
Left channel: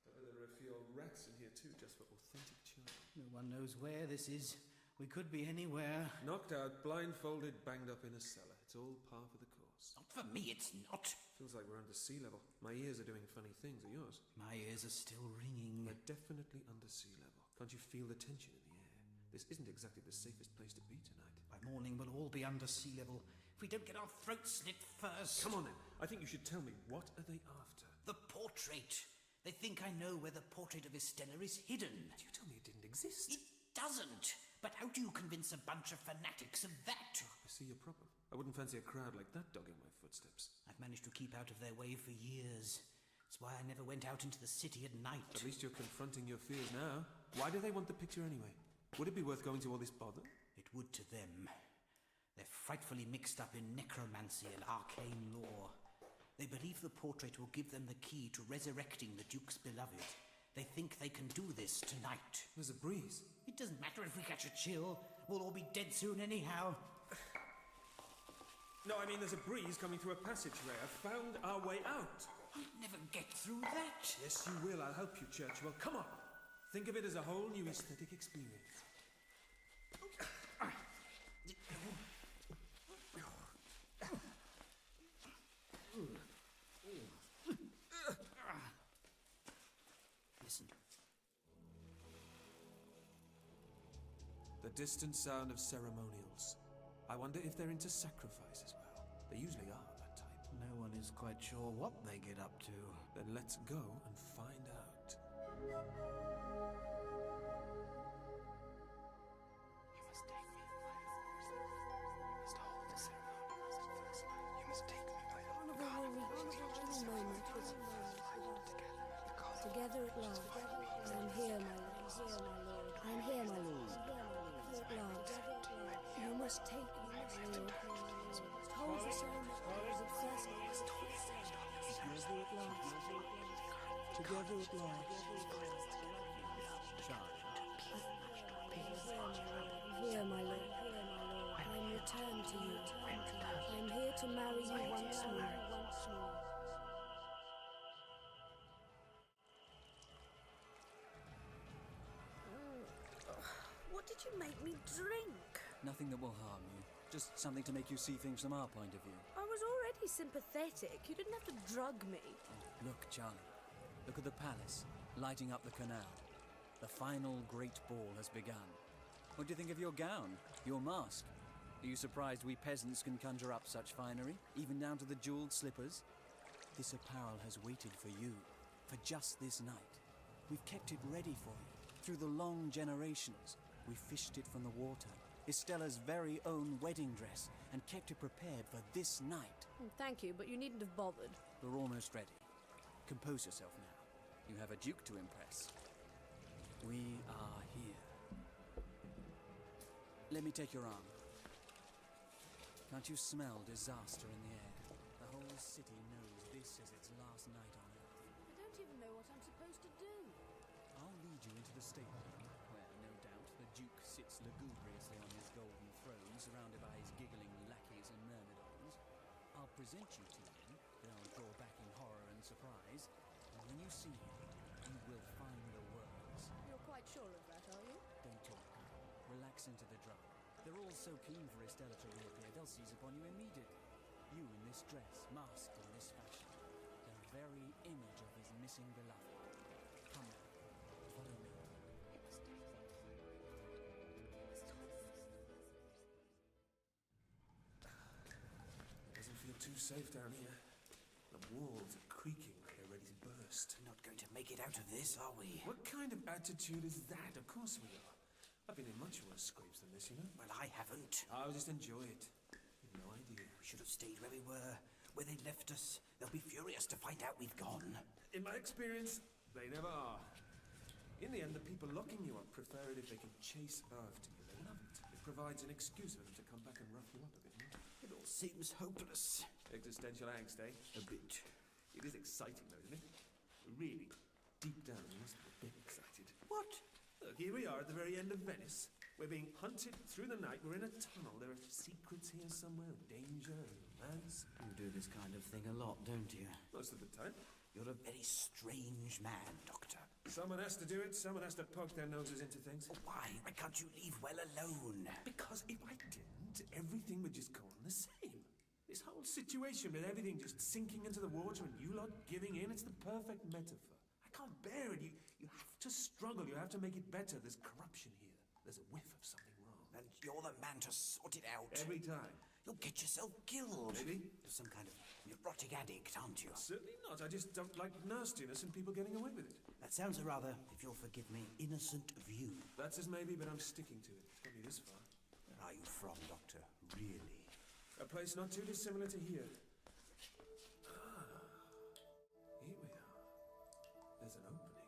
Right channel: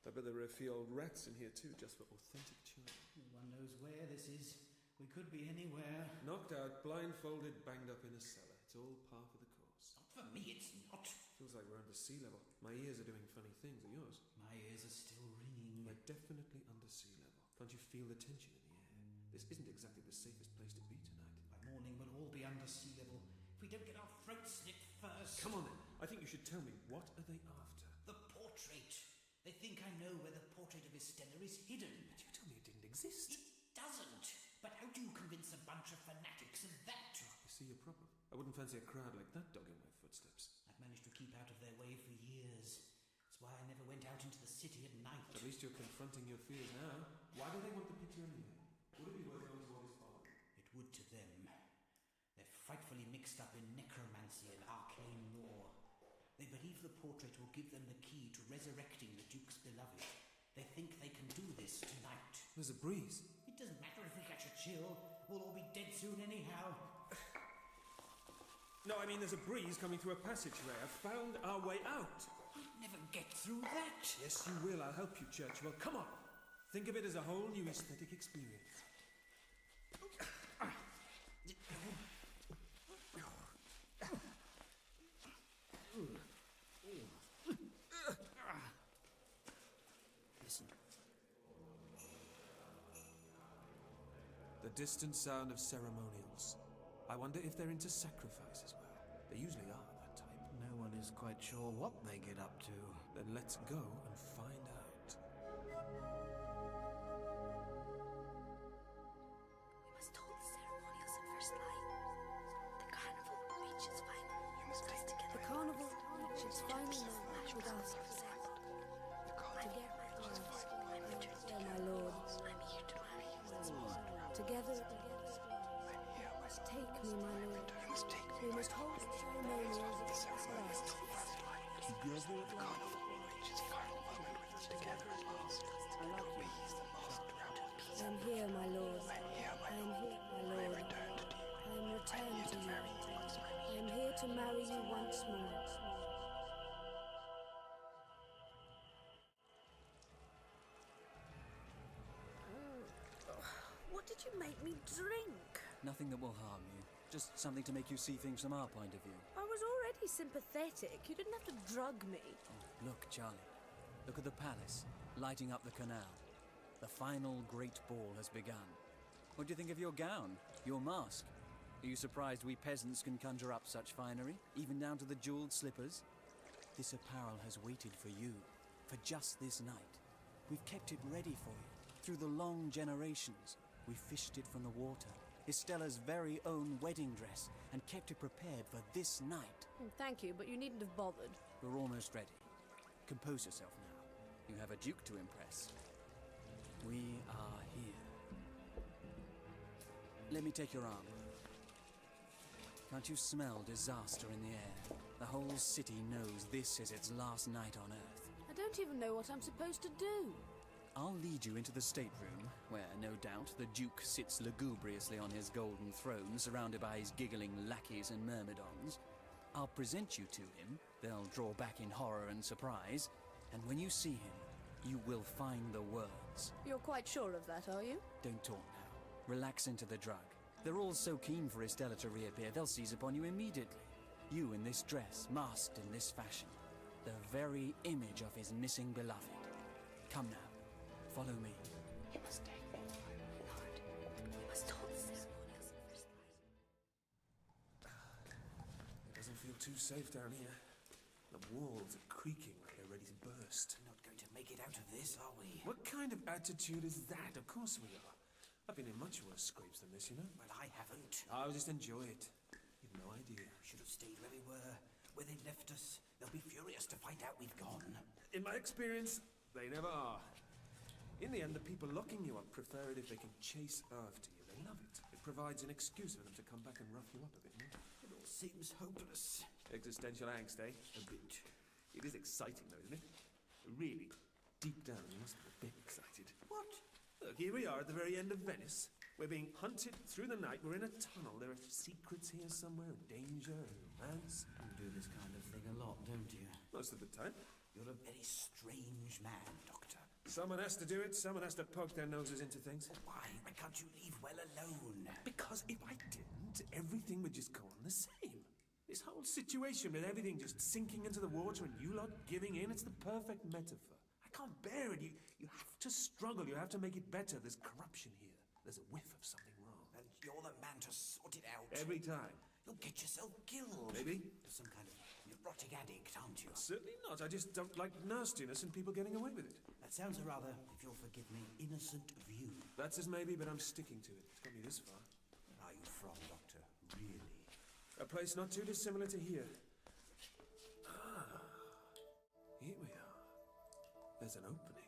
I bet there are a few old rats in here too, just for authentic charm. No one knows where this is. We could be anywhere. Knocked out, blindfolded, banged up in a cellar. It's all par for the course. Not for me, it's not. Feels like we're under sea level. My ears are doing funny things. Are yours? My ears are still ringing. We're definitely under sea level. Can't you feel the tension in the air? This isn't exactly the safest place to be tonight. By morning, we'll all be under sea level. If we don't get our throats slit first. Come on then. I think you should tell me, what are they after? The portrait. They think I know where the portrait of Estella is hidden. But you told me it didn't exist. It doesn't. But how do you convince a bunch of fanatics of that? Oh, I see your problem. I wouldn't fancy a crowd like that dogging my footsteps. I've managed to keep out of their way for years. That's why I never went out into the city at night. At least you're confronting your fears now. Why do they want the picture anyway? Would it be worth going to all this bother? It would to them. They're frightfully mixed up in necromancy and arcane lore. They believe the portrait will give them the key to resurrecting the Duke's beloved. They think they can do this tonight. There's a breeze. It doesn't matter if we catch a chill. We'll all be dead soon anyhow. No, I mean there's a breeze coming through a passageway. I've found our way out. I'll never get through that. Yes, you will. I'll help you, Churchill. Come on. Think of it as a whole new aesthetic experience. Listen. The distant sound of ceremonials. I wonder if they're into sacrifice as well. They usually are, that type. No one is quite sure what they get up to. Then let's go and find out. The carnival will reach its final moment with us. Together at last. I am here, my lord. I am here, my lord. Together at last. You must take me, my lord. We must hold the ceremonials of first life. Together at last. Together at last. I love you, Charlotte. I am here, my lord. I am here, my lord. I am returned to you. I am here to marry you once more. What did you make me drink? Nothing that will harm you. Just something to make you see things from our point of view. I was already sympathetic. You didn't have to drug me. Oh, look, Charlie. Look at the palace, lighting up the canal. The final great ball has begun. What do you think of your gown? Your mask? Are you surprised we peasants can conjure up such finery, even down to the jeweled slippers? This apparel has waited for you, for just this night. We've kept it ready for you, through the long generations. We fished it from the water, Estella's very own wedding dress, and kept it prepared for this night. Thank you, but you needn't have bothered. We're almost ready. Compose yourself now. You have a duke to impress. We are here. Let me take your arm. Can't you smell disaster in the air? The whole city knows this is its last night on Earth. I don't even know what I'm supposed to do. I'll lead you into the stateroom where, no doubt, the Duke sits lugubriously on his golden throne, surrounded by his giggling lackeys and myrmidons. I'll present you to him, they'll draw back in horror and surprise, and when you see him, you will find the words. You're quite sure of that, are you? Don't talk now. Relax into the drug. They're all so keen for Estella to reappear, they'll seize upon you immediately. You in this dress, masked in this fashion. The very image of his missing beloved. Come now, follow me. You must take them by my heart. You must not see someone else. It doesn't feel too safe down here. The walls are creaking like they're ready to burst. We're not going to make it out of this, are we? What kind of attitude is that? Of course we are. I've been in much worse scrapes than this, you know. Well, I haven't. I'll just enjoy it. You've no idea. We should have stayed where we were, where they left us. They'll be furious to find out we've gone. In my experience, they never are. In the end, the people locking you up prefer it if they can chase after you. They love it. It provides an excuse for them to come back and rough you up a bit more. It all seems hopeless. Existential angst, eh? A bit. It is exciting, though, isn't it? Really, deep down, you must be a bit excited. What? Look, here we are at the very end of Venice. We're being hunted through the night. We're in a tunnel. There are secrets here somewhere, danger and romance. You do this kind of thing a lot, don't you? Most of the time. You're a very strange man, Doctor. Someone has to do it. Someone has to poke their noses into things. Why? Why can't you leave well alone? Because if I didn't, everything would just go on the same. This whole situation with everything just sinking into the water and you lot giving in, it's the perfect metaphor. I can't bear it. You have to struggle. You have to make it better. There's corruption here. There's a whiff of something wrong. And you're the man to sort it out. Every time. You'll get yourself killed. Maybe. You're some kind of neurotic addict, aren't you? Certainly not. I just don't like nastiness and people getting away with it. That sounds a rather, if you'll forgive me, innocent view. That's as maybe, but I'm sticking to it. It's got me this far. Where are you from, Doctor? Really? A place not too dissimilar to here. Here we are. There's an opening.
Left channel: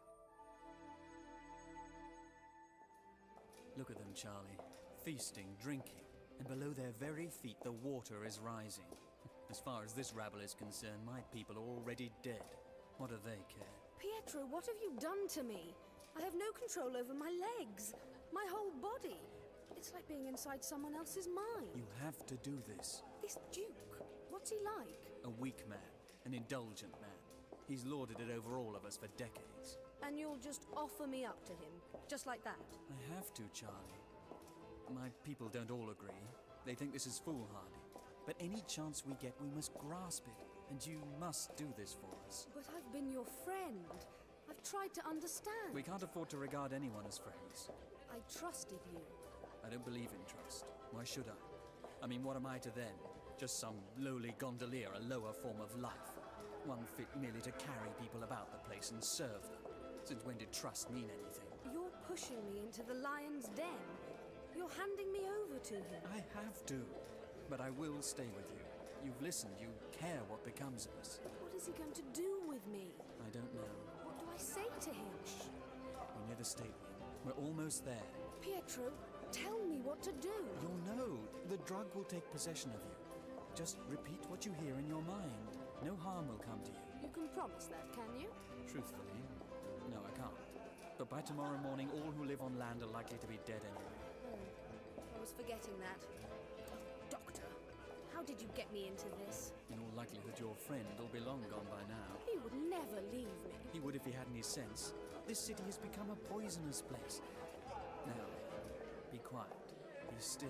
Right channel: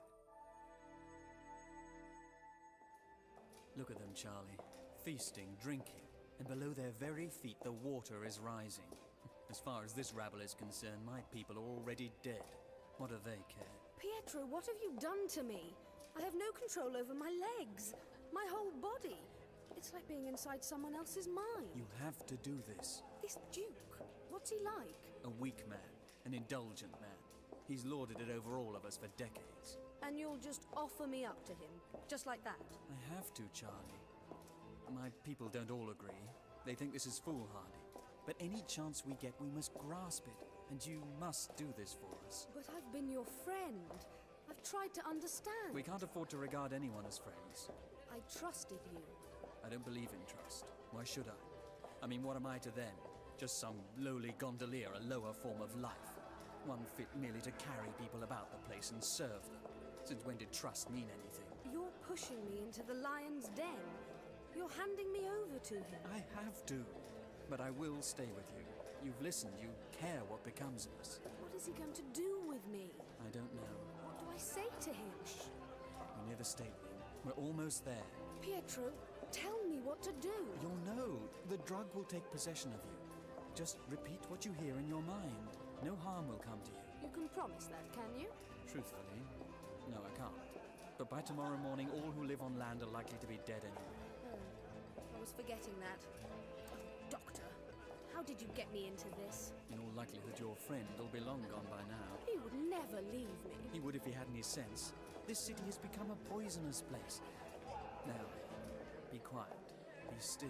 Look at them, Charlie. Feasting, drinking, and below their very feet the water is rising. As far as this rabble is concerned, my people are already dead. What do they care? Pietro, what have you done to me? I have no control over my legs, my whole body. It's like being inside someone else's mind. You have to do this. This Duke, what's he like? A weak man, an indulgent man. He's lorded it over all of us for decades. And you'll just offer me up to him, just like that? I have to, Charlie. My people don't all agree. They think this is foolhardy. But any chance we get, we must grasp it. And you must do this for us. But I've been your friend. I've tried to understand. We can't afford to regard anyone as friends. I trusted you. I don't believe in trust. Why should I? I mean, what am I to them? Just some lowly gondolier, a lower form of life. One fit merely to carry people about the place and serve them. Since when did trust mean anything? You're pushing me into the lion's den. You're handing me over to him. I have to. But I will stay with you. You've listened. You care what becomes of us. What is he going to do with me? I don't know. What do I say to him? Shh. We're near the stateroom. We're almost there. Pietro, tell me what to do. You'll know. The drug will take possession of you. Just repeat what you hear in your mind. No harm will come to you. You can promise that, can you? Truthfully, no, I can't. But by tomorrow morning, all who live on land are likely to be dead anyway. Oh, I was forgetting that. Doctor, how did you get me into this? In all likelihood, your friend will be long gone by now. He would never leave me. He would if he had any sense. This city has become a poisonous place. Now, be quiet. Be still.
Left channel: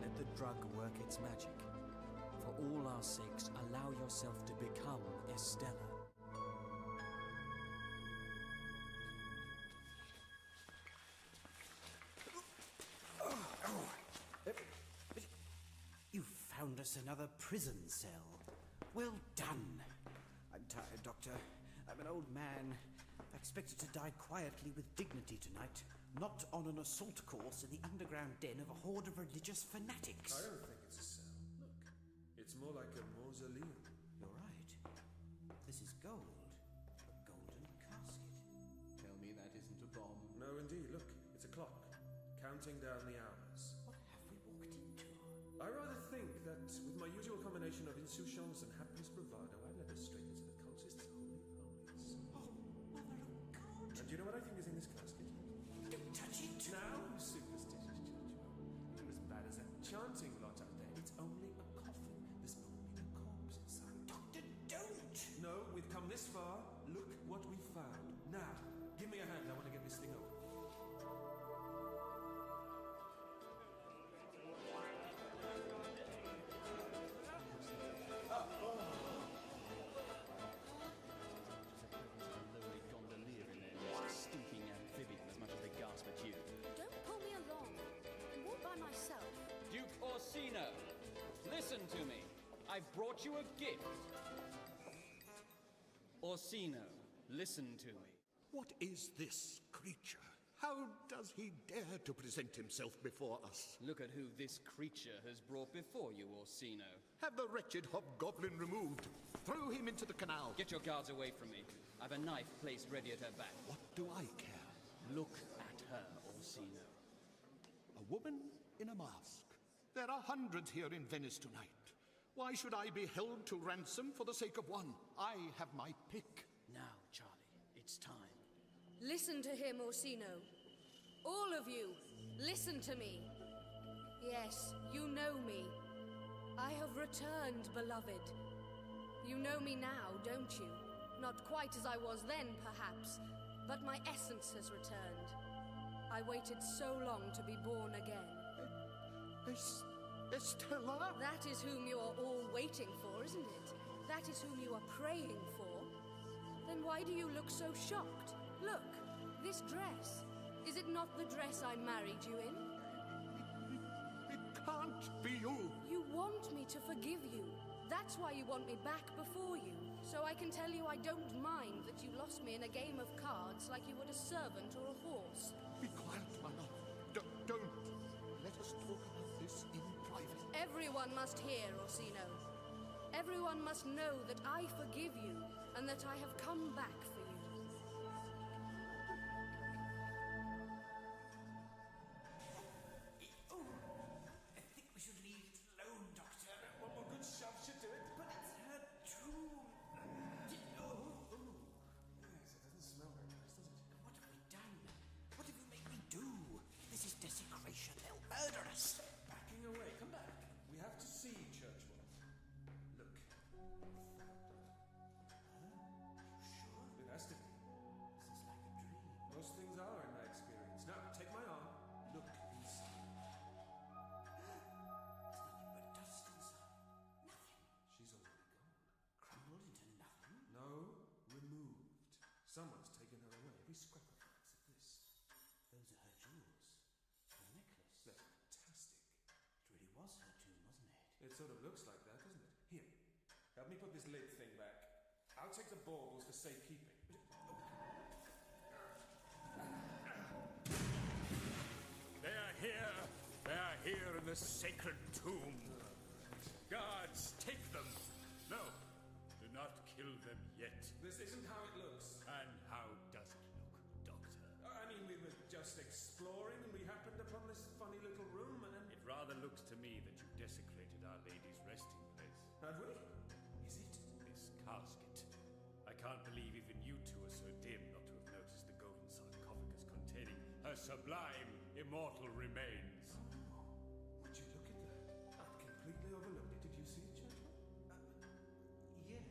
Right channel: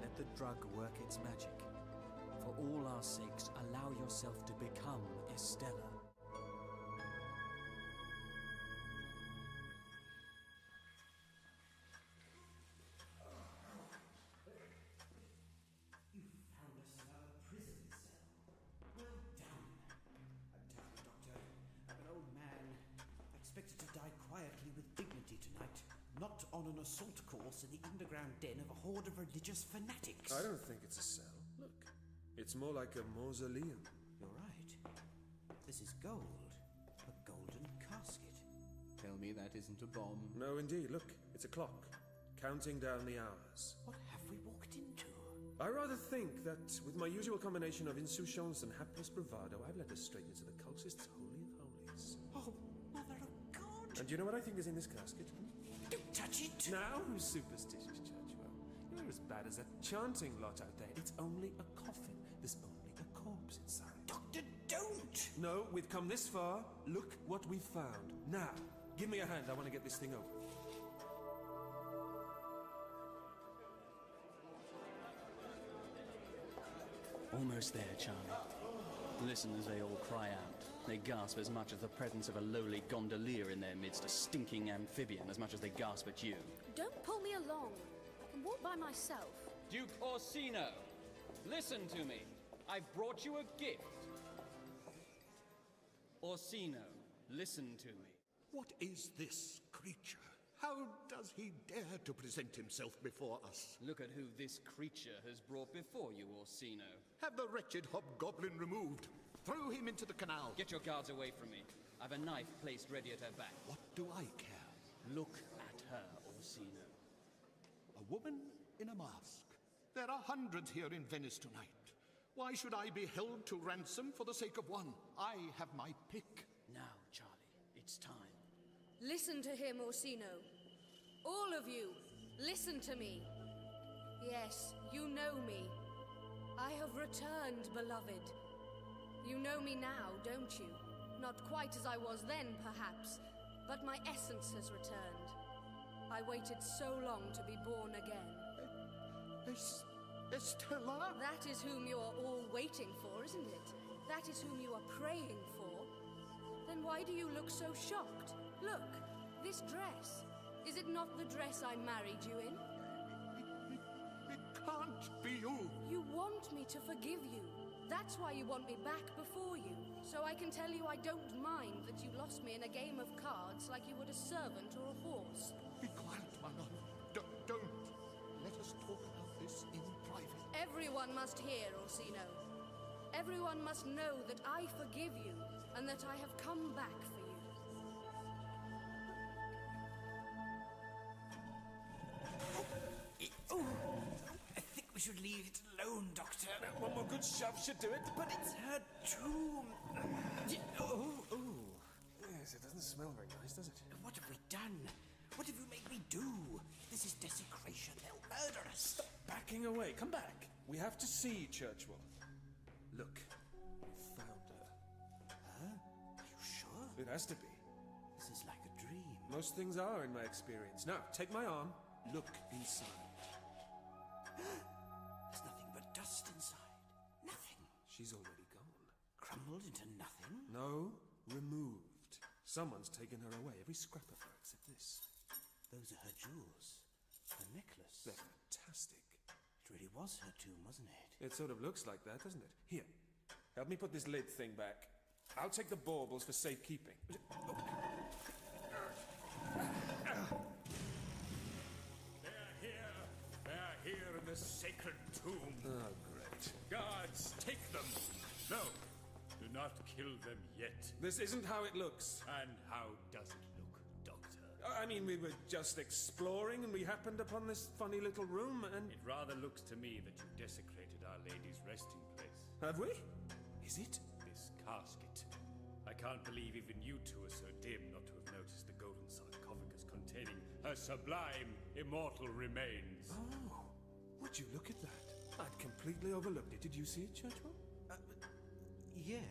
Let the drug work its magic. For all our sakes, allow yourself to become Estella. You found us another prison cell. Well done. I'm tired, Doctor. I'm an old man. I expected to die quietly with dignity tonight, not on an assault course in the underground den of a horde of religious fanatics. I don't think it's a cell. Look, it's more like a mausoleum. You're right. This is gold. A golden casket. Tell me that isn't a bomb. No, indeed. Look, it's a clock. Counting down the hours. What have we walked into? I rather think that with my usual combination of insouciance and hapless bravado, I've led us straight into the cultist's holy of holies. Oh, Mother of God! And do you know what I think is in this casket? Don't touch touch it? Now who's superstitious, Churchwell? You're as bad as that chanting lot out there. It's only a coffin. There's only a corpse inside. Doctor, don't! No, we've come this far. Look what we've found. Now, give me a hand. I want to get this thing open. Almost there, Charlie. Listen as they all cry out. They gasp as much as the presence of a lowly gondolier in their midst, a stinking amphibian, as much as they gasp at you. Don't pull me along. I can walk by myself. Duke Orsino, listen to me. I've brought you a gift. Orsino, listen to me. What is this creature? How does he dare to present himself before us? Look at who this creature has brought before you, Orsino. Have the wretched hobgoblin removed. Throw him into the canal. Get your guards away from me. I've a knife placed ready at her back. What do I care? Look at her, Orsino. A woman in a mask. There are hundreds here in Venice tonight. Why should I be held to ransom for the sake of one? I have my pick. Now, Charlie, it's time. Listen to him, Orsino. All of you, listen to me. Yes, you know me. I have returned, beloved. You know me now, don't you? Not quite as I was then, perhaps, but my essence has returned. I waited so long to be born again. Estella? That is whom you are all waiting for, isn't it? That is whom you are praying for. Then why do you look so shocked? Look, this dress. Is it not the dress I married you in? It can't be you. You want me to forgive you. That's why you want me back before you. So I can tell you I don't mind that you lost me in a game of cards like you would a servant or a horse. Be quiet, my love. Don't. Let us talk about this in private. Everyone must hear, Orsino. Everyone must know that I forgive you and that I have come back for you. Oh, I think we should leave it alone, Doctor. One more good shove should do it. But it's her tomb. Yes, it doesn't smell very nice, does it? What have we done? What have you made me do? This is desecration. They'll murder us. Stop backing away. Come back. We have to see Churchwell. Look, we found her. Huh? Are you sure? It has to be. This is like a dream. Most things are, in my experience. Now, take my arm. Look inside. There's nothing but dust inside. Nothing. She's already gone. Crumbled into nothing? No, removed. Someone's taken her away. Every scrap of her except this. Those are her jewels. Her necklace. They're fantastic. It really was her tomb, wasn't it? It sort of looks like that, doesn't it? Here, help me put this lid thing back. I'll take the baubles for safekeeping. They are here. They are here in the sacred tomb. Oh, great. Guards, take them. No, do not kill them yet. This isn't how it looks. And how does it look, Doctor? I mean, we were just exploring and we happened upon this funny little room and... It rather looks to me that you desecrated Our Lady's resting place. Have we? Is it? This casket. I can't believe even you two are so dim not to have noticed the golden sarcophagus containing her sublime, immortal remains. Oh, would you look at that? I'd completely overlooked it. Did you see it, Churchwell? Yes.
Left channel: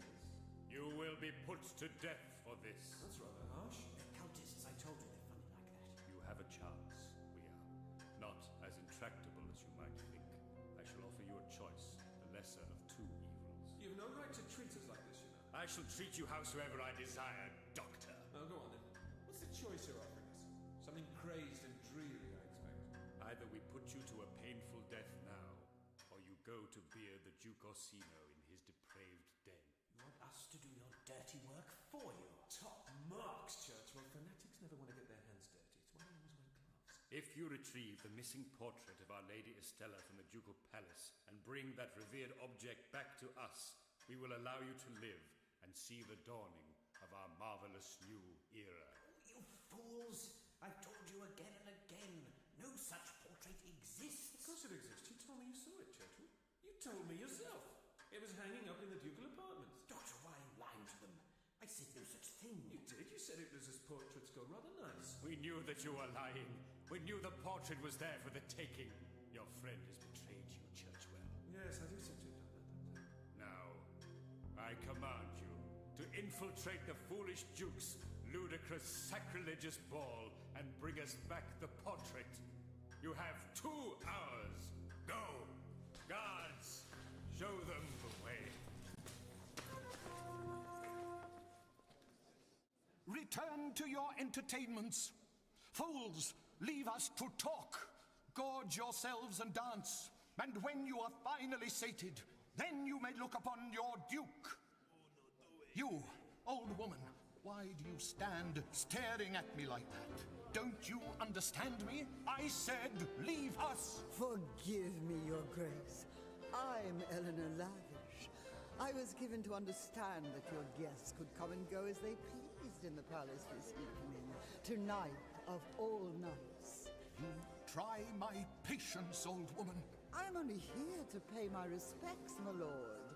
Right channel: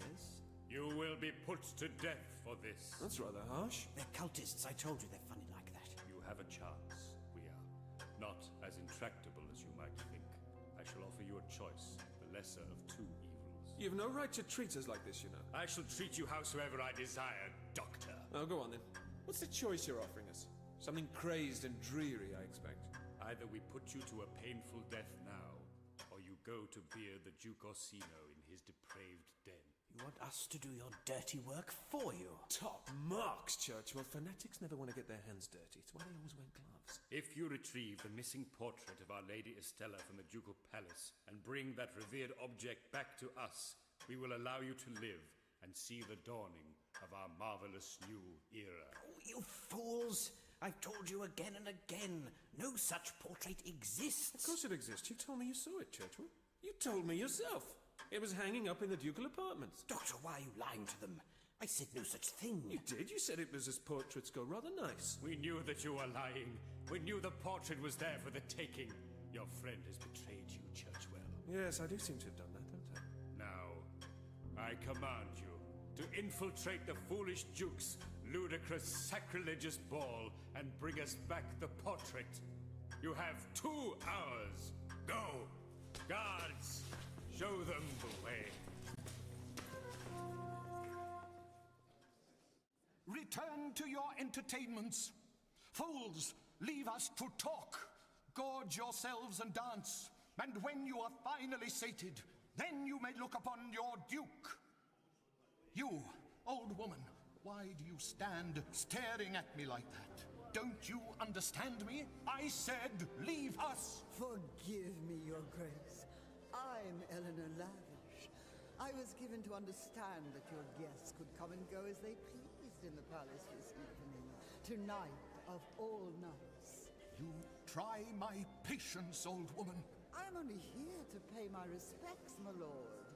You will be put to death for this. That's rather harsh. They're cultists. I told you they're funny like that. You have a chance. We are not as intractable as you might think. I shall offer you a choice, the lesser of two evils. You have no right to treat us like this, you know. I shall treat you howsoever I desire, Doctor. Oh, go on then. What's the choice you're offering us? Something crazed and dreary, I expect. Either we put you to a painful death now, or you go to bear the Duke Orsino in his depraved den. You want us to do your dirty work for you? Top marks, Churchwell. Fanatics never want to get their hands dirty. It's why they always wear gloves. If you retrieve the missing portrait of Our Lady Estella from the Ducal Palace and bring that revered object back to us, we will allow you to live and see the dawning of our marvelous new era. Oh, you fools! I've told you again and again, no such portrait exists. Of course it exists. You told me you saw it, Churchwell. You told me yourself. It was hanging up in the ducal apartments. Doctor, why are you lying to them? I said no such thing. You did. You said it was as portraits go, rather nice. We knew that you were lying, We knew the portrait was there for the taking. Your friend has betrayed you, Churchwell. Yes, I do seem to have done that, don't I? Now, I command you to infiltrate the foolish Duke's ludicrous sacrilegious ball and bring us back the portrait. You have 2 hours. Go! Guards, show them the way. Return to your entertainments. Fools, leave us to talk. Gorge yourselves and dance. And when you are finally sated, then you may look upon your duke. You, old woman, why do you stand staring at me like that? Don't you understand me? I said, leave us! Forgive me, Your Grace. I'm Eleanor Lavish. I was given to understand that your guests could come and go as they pleased in the palace this evening. Tonight of all nights. You try my patience, old woman. I'm only here to pay my respects, my lord.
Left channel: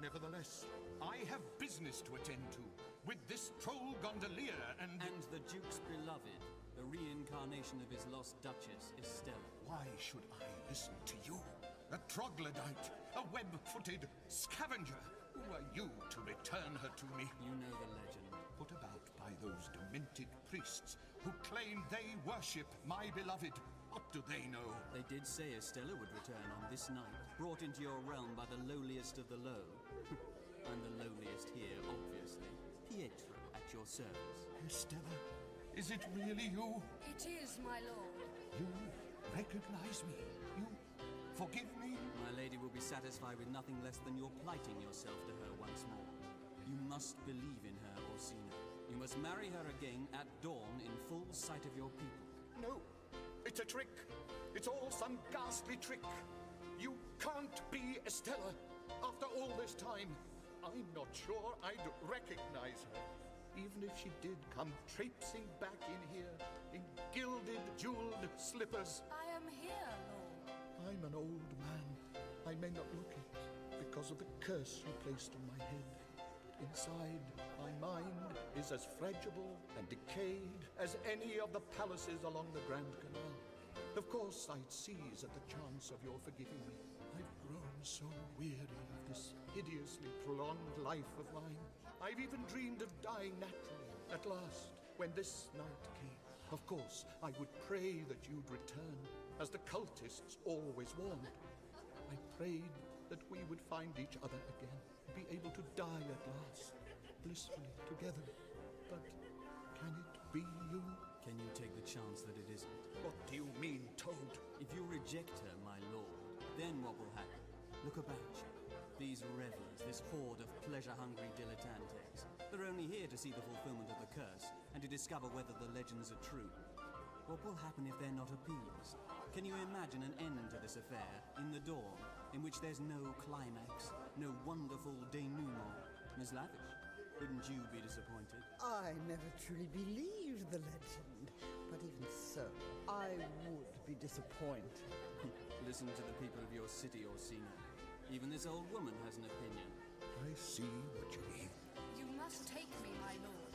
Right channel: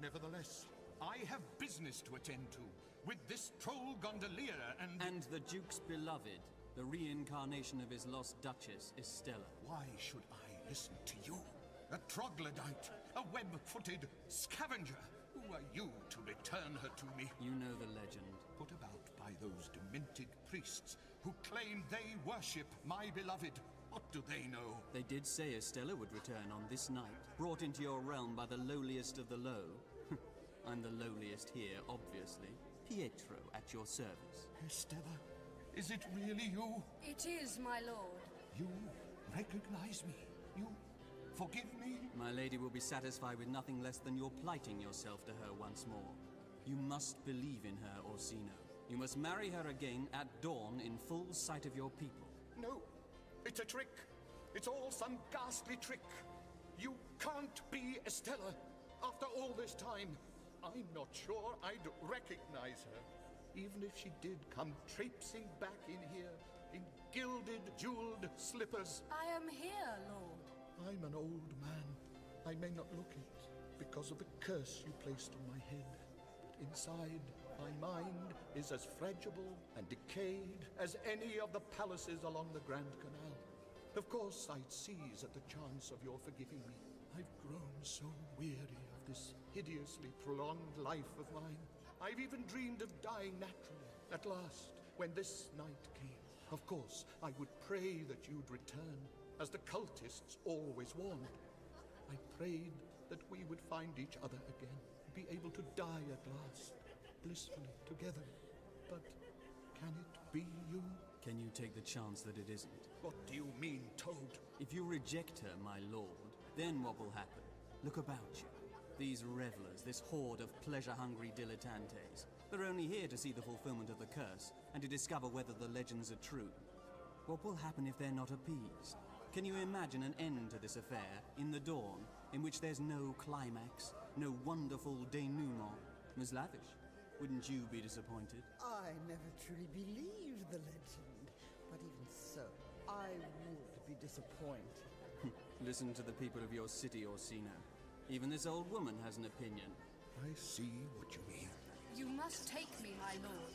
Nevertheless, I have business to attend to with this troll gondolier and... And the Duke's beloved, the reincarnation of his lost Duchess, Estella. Why should I listen to you? A troglodyte, a web-footed scavenger. Who are you to return her to me? You know the legend. Put about by those demented priests who claim they worship my beloved. What do they know? They did say Estella would return on this night, brought into your realm by the lowliest of the low. I'm the lowliest here, obviously. Pietro, at your service. Estella, is it really you? It is, my lord. You recognize me? You forgive me? My lady will be satisfied with nothing less than your plighting yourself to her once more. You must believe in her, Orsino. You must marry her again at dawn in full sight of your people. No, it's a trick. It's all some ghastly trick. You can't be Estella after all this time. I'm not sure I'd recognize her, even if she did come traipsing back in here in gilded, jeweled slippers. I am here, lord. I'm an old man. I may not look it because of the curse you placed on my head. But inside, my mind is as fragile and decayed as any of the palaces along the Grand Canal. Of course, I'd seize at the chance of your forgiving me. I've grown so weary of this hideously prolonged life of mine. I've even dreamed of dying naturally, at last, when this night came. Of course, I would pray that you'd return, as the cultists always warned. I prayed that we would find each other again, be able to die at last, blissfully together. But can it be you? Can you take the chance that it isn't? What do you mean, Toad? If you reject her, my lord, then what will happen? Look about you. These revelers, this horde of pleasure-hungry dilettantes, they're only here to see the fulfillment of the curse and to discover whether the legends are true. What will happen if they're not appeased? Can you imagine an end to this affair in the dawn, in which there's no climax, no wonderful denouement? Miss Lavish, wouldn't you be disappointed? I never truly believed the legend, but even so, I would be disappointed. Listen to the people of your city, Orsino. Even this old woman has an opinion. I see what you mean. You must take me, my lord.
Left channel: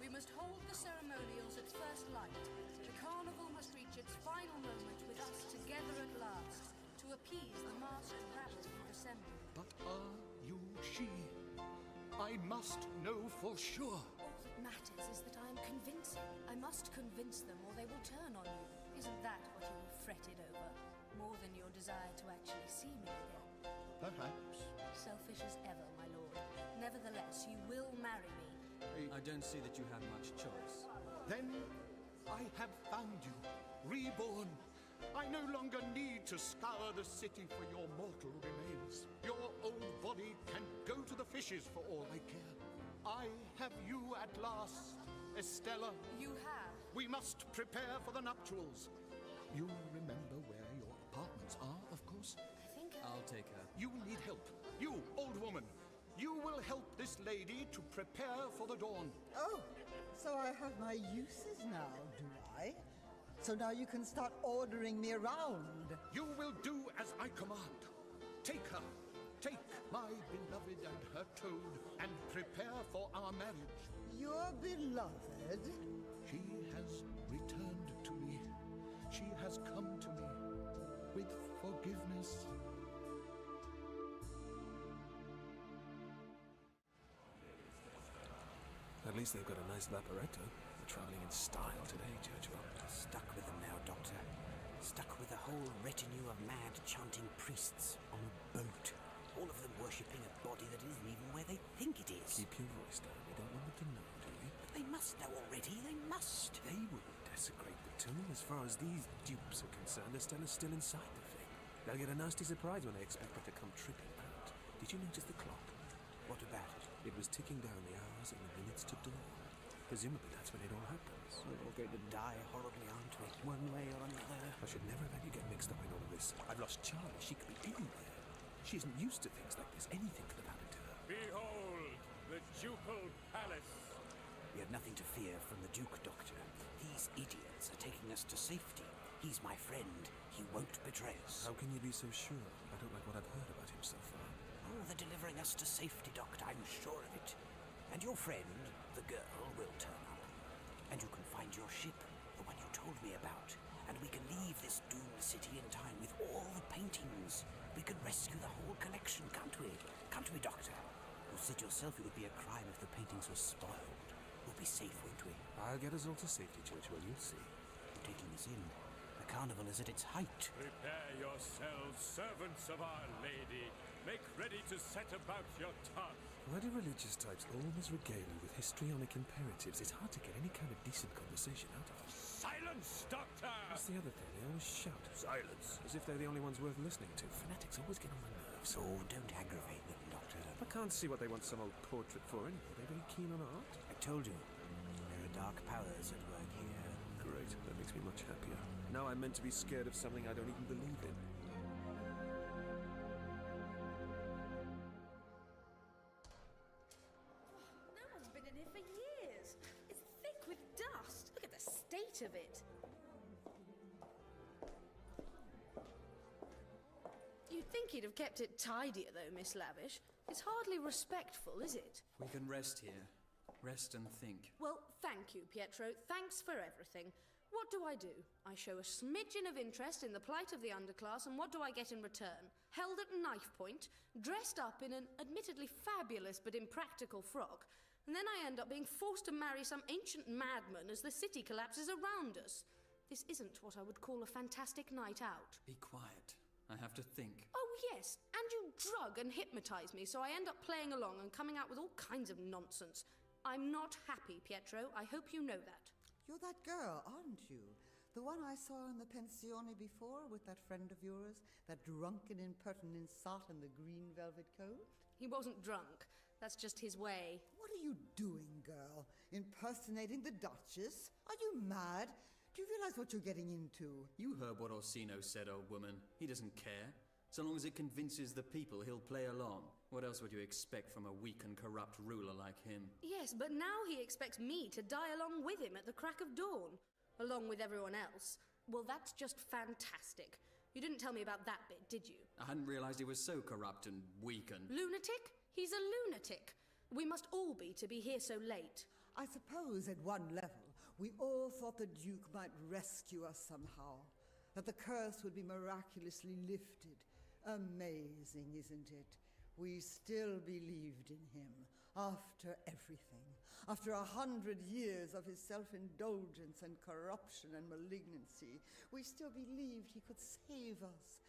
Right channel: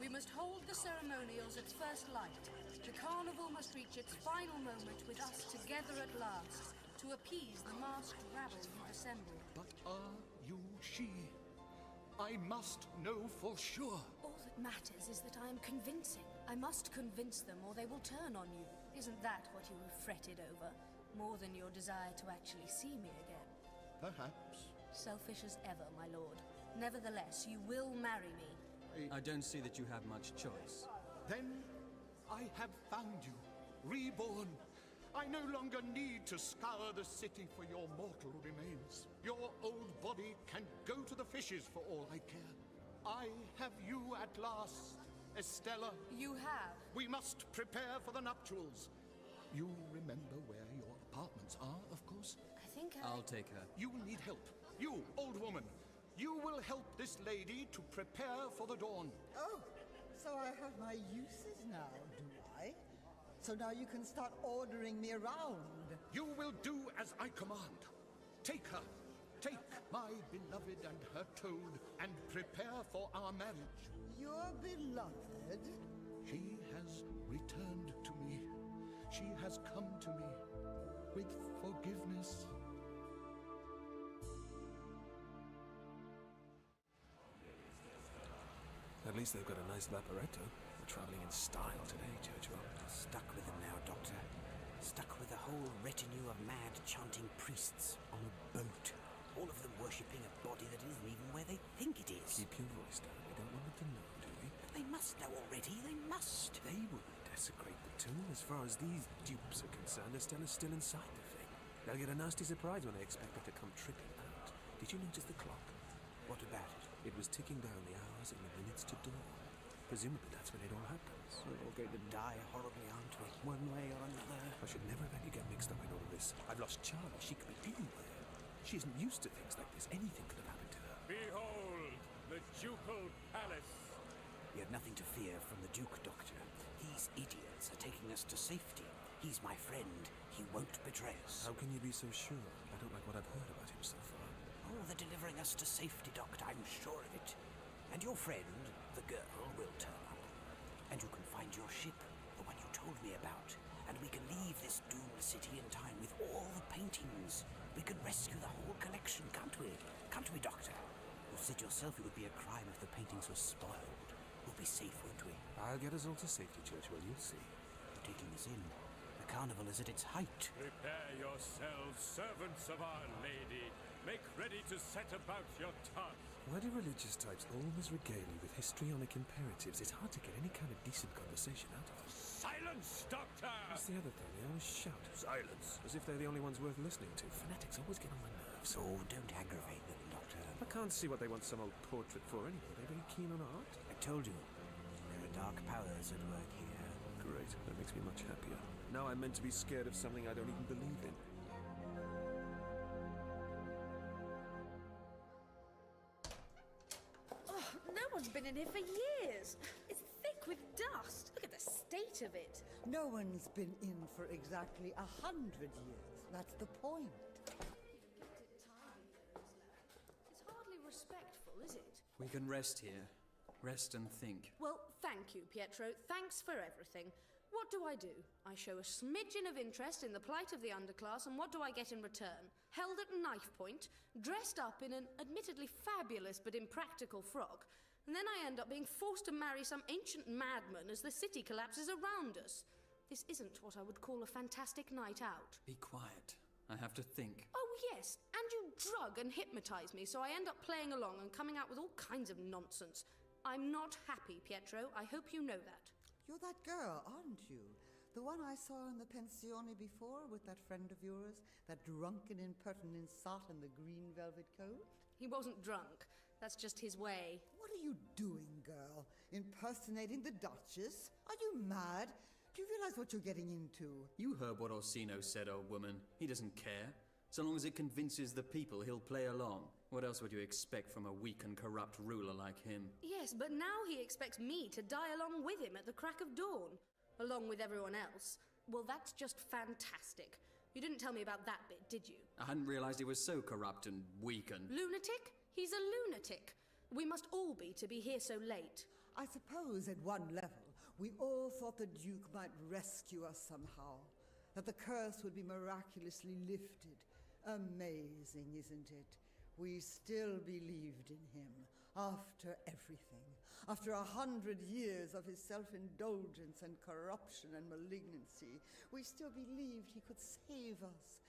We must hold the ceremonials at first light. The carnival must reach its final moment with us together at last, to appease the masked rabble you've assembled. But are you she? I must know for sure. All that matters is that I am convincing. I must convince them or they will turn on you. Isn't that what you have fretted over? More than your desire to actually see me again. Perhaps. Selfish as ever, my lord. Nevertheless, you will marry me. I don't see that you have much choice. Then I have found you, reborn. I no longer need to scour the city for your mortal remains. Your old body can go to the fishes for all I care. I have you at last, Estella. You have. We must prepare for the nuptials. You remember where your apartments are, of course? I think I'll take her. You will need help. You, old woman. You will help this lady to prepare for the dawn. Oh, so I have my uses now, do I? So now you can start ordering me around. You will do as I command. Take her. Take my beloved and her toad and prepare for our marriage. Your beloved? She has returned to me. she has come to me with forgiveness. At least they've got a nice vaporetto. We're traveling in style today, Churchill. Stuck with them now, Doctor. Stuck with a whole retinue of mad chanting priests on a boat. All of them worshipping a body that isn't even where they think it is. Keep your voice down. We don't want them to know, do we? But they must know already. They must. They wouldn't desecrate the tomb. As far as these dupes are concerned, Estella's still inside the thing. They'll get a nasty surprise when they expect her to come tripping out. Did you notice the clock? What about it? It was ticking down the hours and the minutes to dawn. Presumably that's when it all happens. We're all going to die horribly, aren't we? One way or another. I should never have had you get mixed up in all of this. I've lost Charlie. She could be anywhere. She isn't used to things like this. Anything could have happened to her. Behold, the Ducal Palace. You have nothing to fear from the Duke, Doctor. These idiots are taking us to safety. He's my friend. He won't betray us. How can you be so sure? I don't like what I've heard about him so far. Oh, they're delivering us to safety, Doctor. I'm sure of it. And your friend, the girl, will turn up. And you can find your ship, the one you told me about. And we can leave this doomed city in time with all the paintings. We can rescue the whole collection, can't we? Can't we, Doctor? You said yourself it would be a crime if the paintings were spoiled. We'll be safe, won't we? I'll get us all to safety, Churchill. You'll see. You're taking us in. The carnival is at its height. Prepare yourselves, servants of Our Lady. Make ready to set about your task. Why do religious types always regale you with histrionic imperatives? It's hard to get any kind of decent conversation out of them. Silence, Doctor! That's the other thing. They always shout. Silence. As if they're the only ones worth listening to. Fanatics always get on my nerves. Oh, don't aggravate them, Doctor. I can't see what they want some old portrait for anyway. They're very keen on art. I told you. There are dark powers at work here. Great. That makes me much happier. Now I'm meant to be scared of something I don't even believe in. No one's been in here for years. It's thick with dust. Look at the state of it. No one's been in for exactly 100 years. That's the point. You'd think he'd have kept it tidier, though, Miss Lavish. It's hardly respectful, is it? We can rest here. Rest and think. Well, thank you, Pietro. Thanks for everything. What do? I show a smidgen of interest in the plight of the underclass, and what do I get in return? Held at knife point, dressed up in an admittedly fabulous but impractical frock, and then I end up being forced to marry some ancient madman as the city collapses around us. This isn't what I would call a fantastic night out. Be quiet. I have to think. Oh, yes, and you drug and hypnotize me, so I end up playing along and coming out with all kinds of nonsense. I'm not happy, Pietro. I hope you know that. You're that girl, aren't you? The one I saw in the pensione before with that friend of yours, that drunken impertinent sot in the green velvet coat? He wasn't drunk. That's just his way. What are you doing, girl? Impersonating the Duchess? Are you mad? Do you realize what you're getting into? You heard what Orsino said, old woman. He doesn't care. So long as it convinces the people, he'll play along. What else would you expect from a weak and corrupt ruler like him? Yes, but now he expects me to die along with him at the crack of dawn. Along with everyone else. Well, that's just fantastic. You didn't tell me about that bit, did you? I hadn't realized he was so corrupt and weak and... Lunatic? He's a lunatic. We must all be to be here so late. I suppose at one level, we all thought the Duke might rescue us somehow. That the curse would be miraculously lifted. Amazing, isn't it? We still believed in him, after everything. After 100 years of his self-indulgence and corruption and malignancy, we still believed he could save us.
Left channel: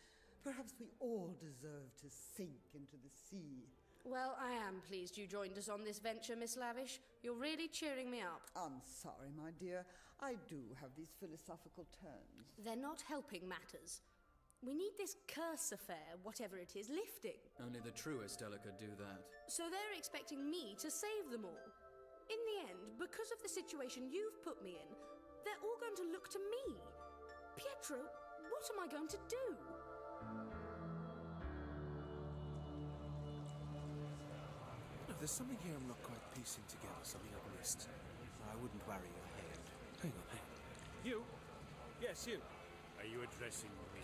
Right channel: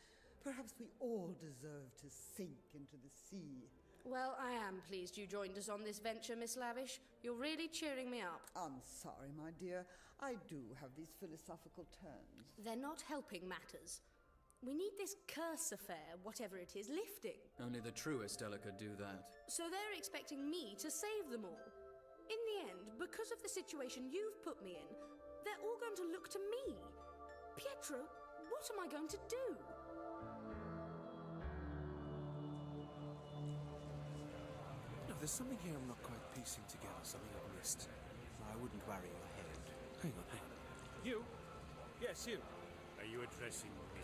Perhaps we all deserve to sink into the sea. Well, I am pleased you joined us on this venture, Miss Lavish. You're really cheering me up. I'm sorry, my dear. I do have these philosophical turns. They're not helping matters. We need this curse affair, whatever it is, lifting. Only the true Estella could do that. So they're expecting me to save them all. In the end, because of the situation you've put me in, they're all going to look to me. Pietro, what am I going to do? No, there's something here I'm not quite piecing together, something I've missed. I wouldn't worry your head. Hang on. You? Yes, you. Are you addressing me?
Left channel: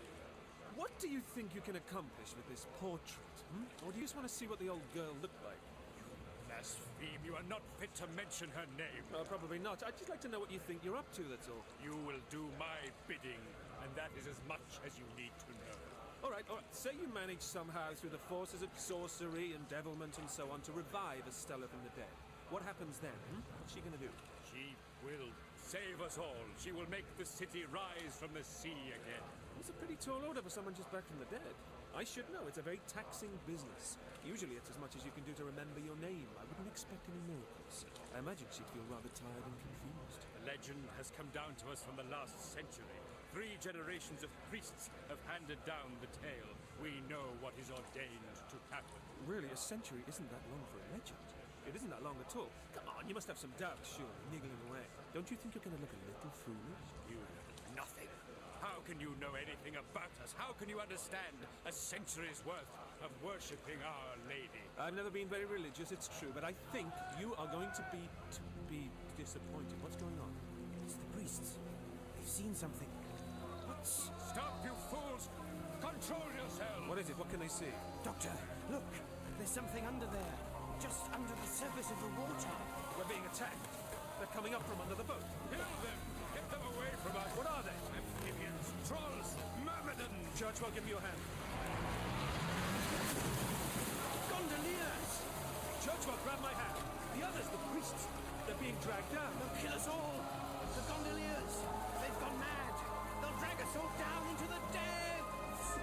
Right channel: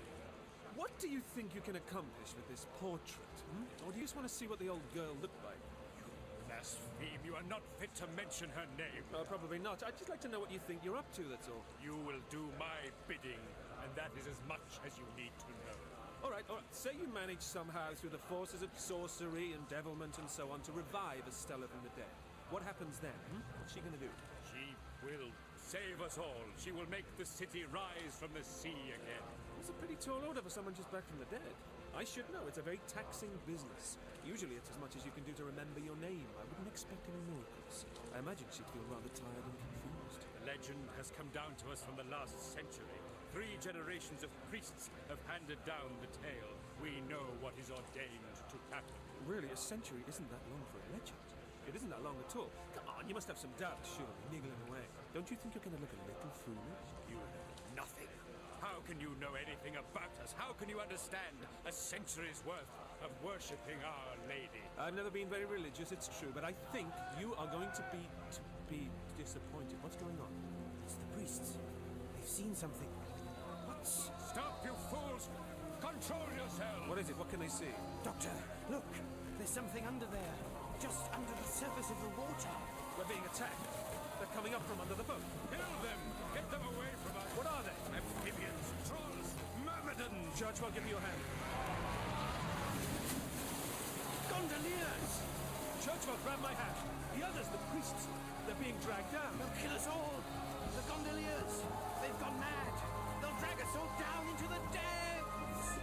What do you think you can accomplish with this portrait? Or do you just want to see what the old girl looked like? You blaspheme. You are not fit to mention her name. Probably not. I'd just like to know what you think you're up to, that's all. You will do my bidding. and that is as much as you need to know. All right. Say you manage somehow through the forces of sorcery and devilment and so on to revive Estella from the dead. What happens then? What's she going to do? She will save us all. She will make the city rise from the sea again. It's a pretty tall order for someone just back from the dead. I should know. It's a very taxing business. Usually it's as much as you can do to remember your name. I wouldn't expect any miracles. I imagine she'd feel rather tired and confused. The legend has come down to us from the last century. 3 generations of priests have handed down the tale. We know what is ordained to happen. Really, a century isn't that long for a legend. It isn't that long at all. Come on, you must have some doubts, surely, niggling away. Don't you think you're going to look a little foolish? You know nothing. How can you know anything about us? How can you understand a century's worth of worshipping Our Lady? I've never been very religious, it's true, but I think you are going to be disappointed. What's going on? It's the priests. They've seen something. What's... Stop, you fools! Control yourselves! What is it? What can they see? Doctor, look! There's something under there. Just under the surface of the water. We're being attacked. They're coming up from under the boat. Kill them! Get them away from us! What are they? Amphibians, trolls, myrmidons! Churchwell, give me your hand. Gondoliers! Churchwell, grab my hand. The others, the priests, they're being dragged down. They'll kill us all. The gondoliers. They've gone mad. They'll drag us all down into the depths.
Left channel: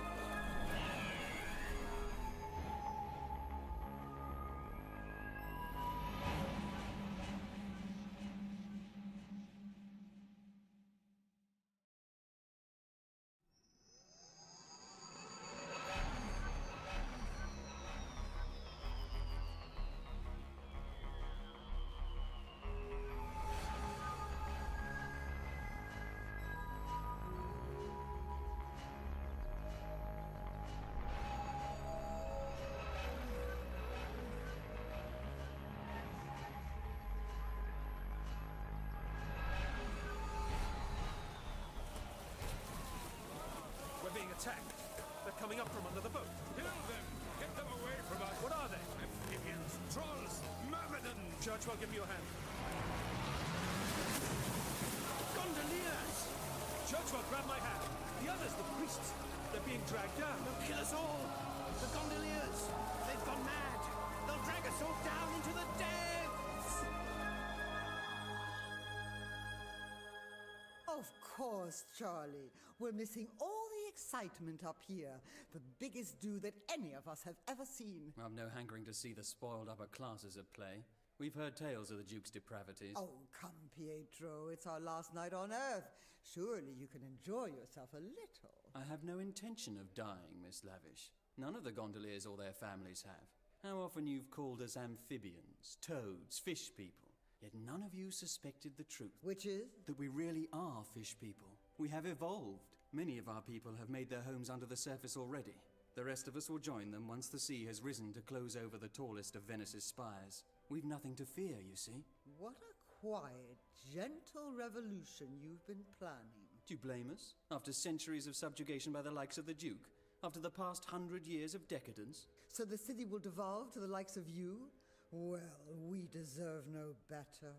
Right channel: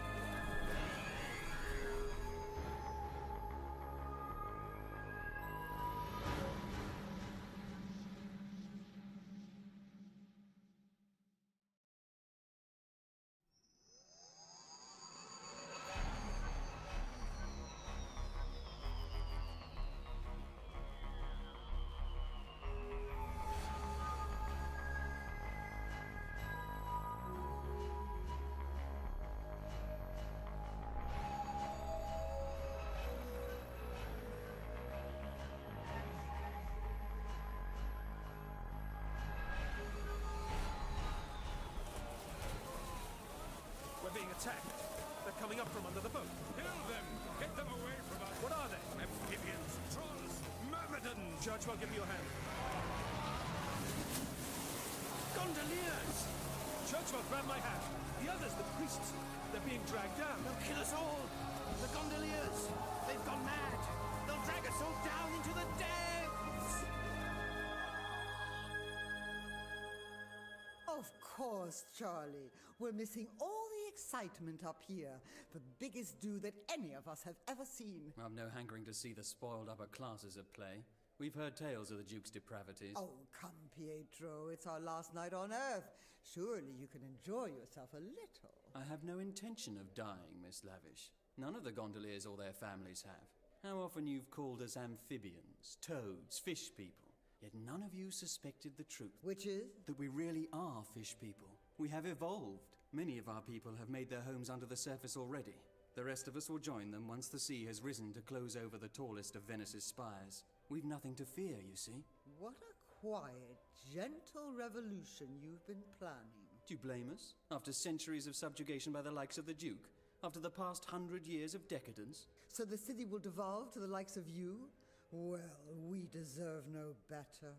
Being attacked. They're coming up from under the boat. Kill them! Get them away from us! What are they? Amphibians, trolls, myrmidons! Churchwell, give me your hand. Gondoliers! Churchwell, grab my hand. The others, the priests, they're being dragged down. They'll kill us all. The gondoliers. They've gone mad. They'll drag us all down into the depths. Of course, Charlie. We're missing all the excitement up here. The biggest do that any of us have ever seen. I've no hankering to see the spoiled upper classes at play. We've heard tales of the Duke's depravities. Oh, come, Pietro. It's our last night on Earth. Surely you can enjoy yourself a little. I have no intention of dying, Miss Lavish. None of the gondoliers or their families have. How often you've called us amphibians, toads, fish people. Yet none of you suspected the truth. Which is? That we really are fish people. We have evolved. Many of our people have made their homes under the surface already. The rest of us will join them once the sea has risen to close over the tallest of Venice's spires. We've nothing to fear, you see. What a quiet, gentle revolution you've been planning. Do you blame us? After centuries of subjugation by the likes of the Duke? After the past 100 years of decadence? So the city will devolve to the likes of you? Well, we deserve no better.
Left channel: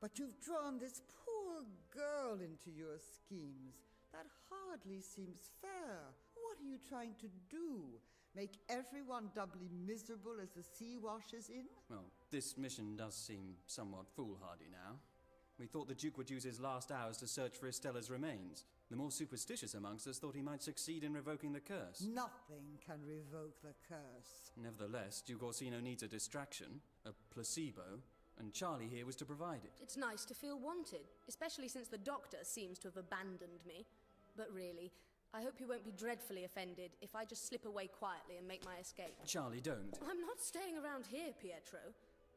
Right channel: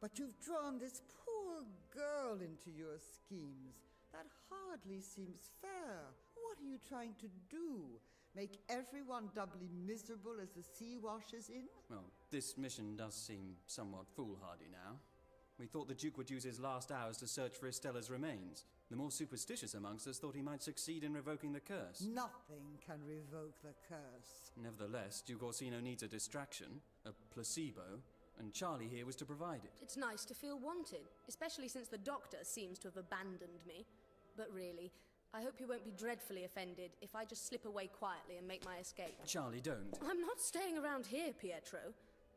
But you've drawn this poor girl into your schemes. That hardly seems fair. What are you trying to do? Make everyone doubly miserable as the sea washes in? Well, this mission does seem somewhat foolhardy now. We thought the Duke would use his last hours to search for Estella's remains. The more superstitious amongst us thought he might succeed in revoking the curse. Nothing can revoke the curse. Nevertheless, Duke Orsino needs a distraction, a placebo, and Charlie here was to provide it. It's nice to feel wanted, especially since the doctor seems to have abandoned me. But really, I hope you won't be dreadfully offended if I just slip away quietly and make my escape. Charlie, don't. I'm not staying around here, Pietro.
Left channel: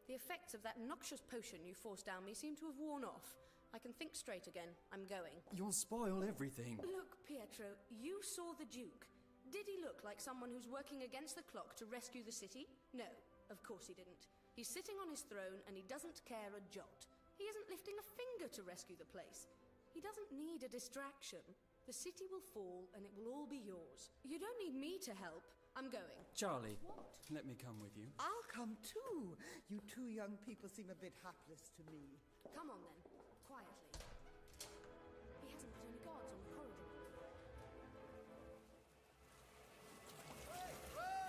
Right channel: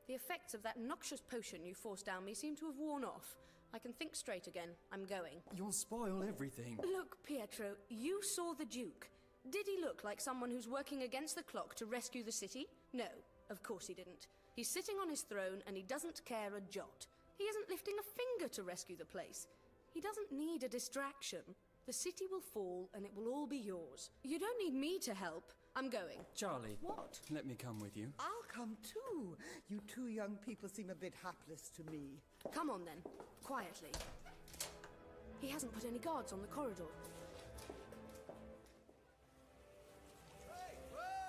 The effects of that noxious potion you forced down me seem to have worn off. I can think straight again. I'm going. You'll spoil everything. Look, Pietro, you saw the Duke. Did he look like someone who's working against the clock to rescue the city? No, of course he didn't. He's sitting on his throne and he doesn't care a jot. He isn't lifting a finger to rescue the place. He doesn't need a distraction. The city will fall and it will all be yours. You don't need me to help. I'm going. Charlie. What? Let me come with you. I'll come too. You two young people seem a bit hapless to me. Come on then. Quietly. He hasn't put any guards on the corridor.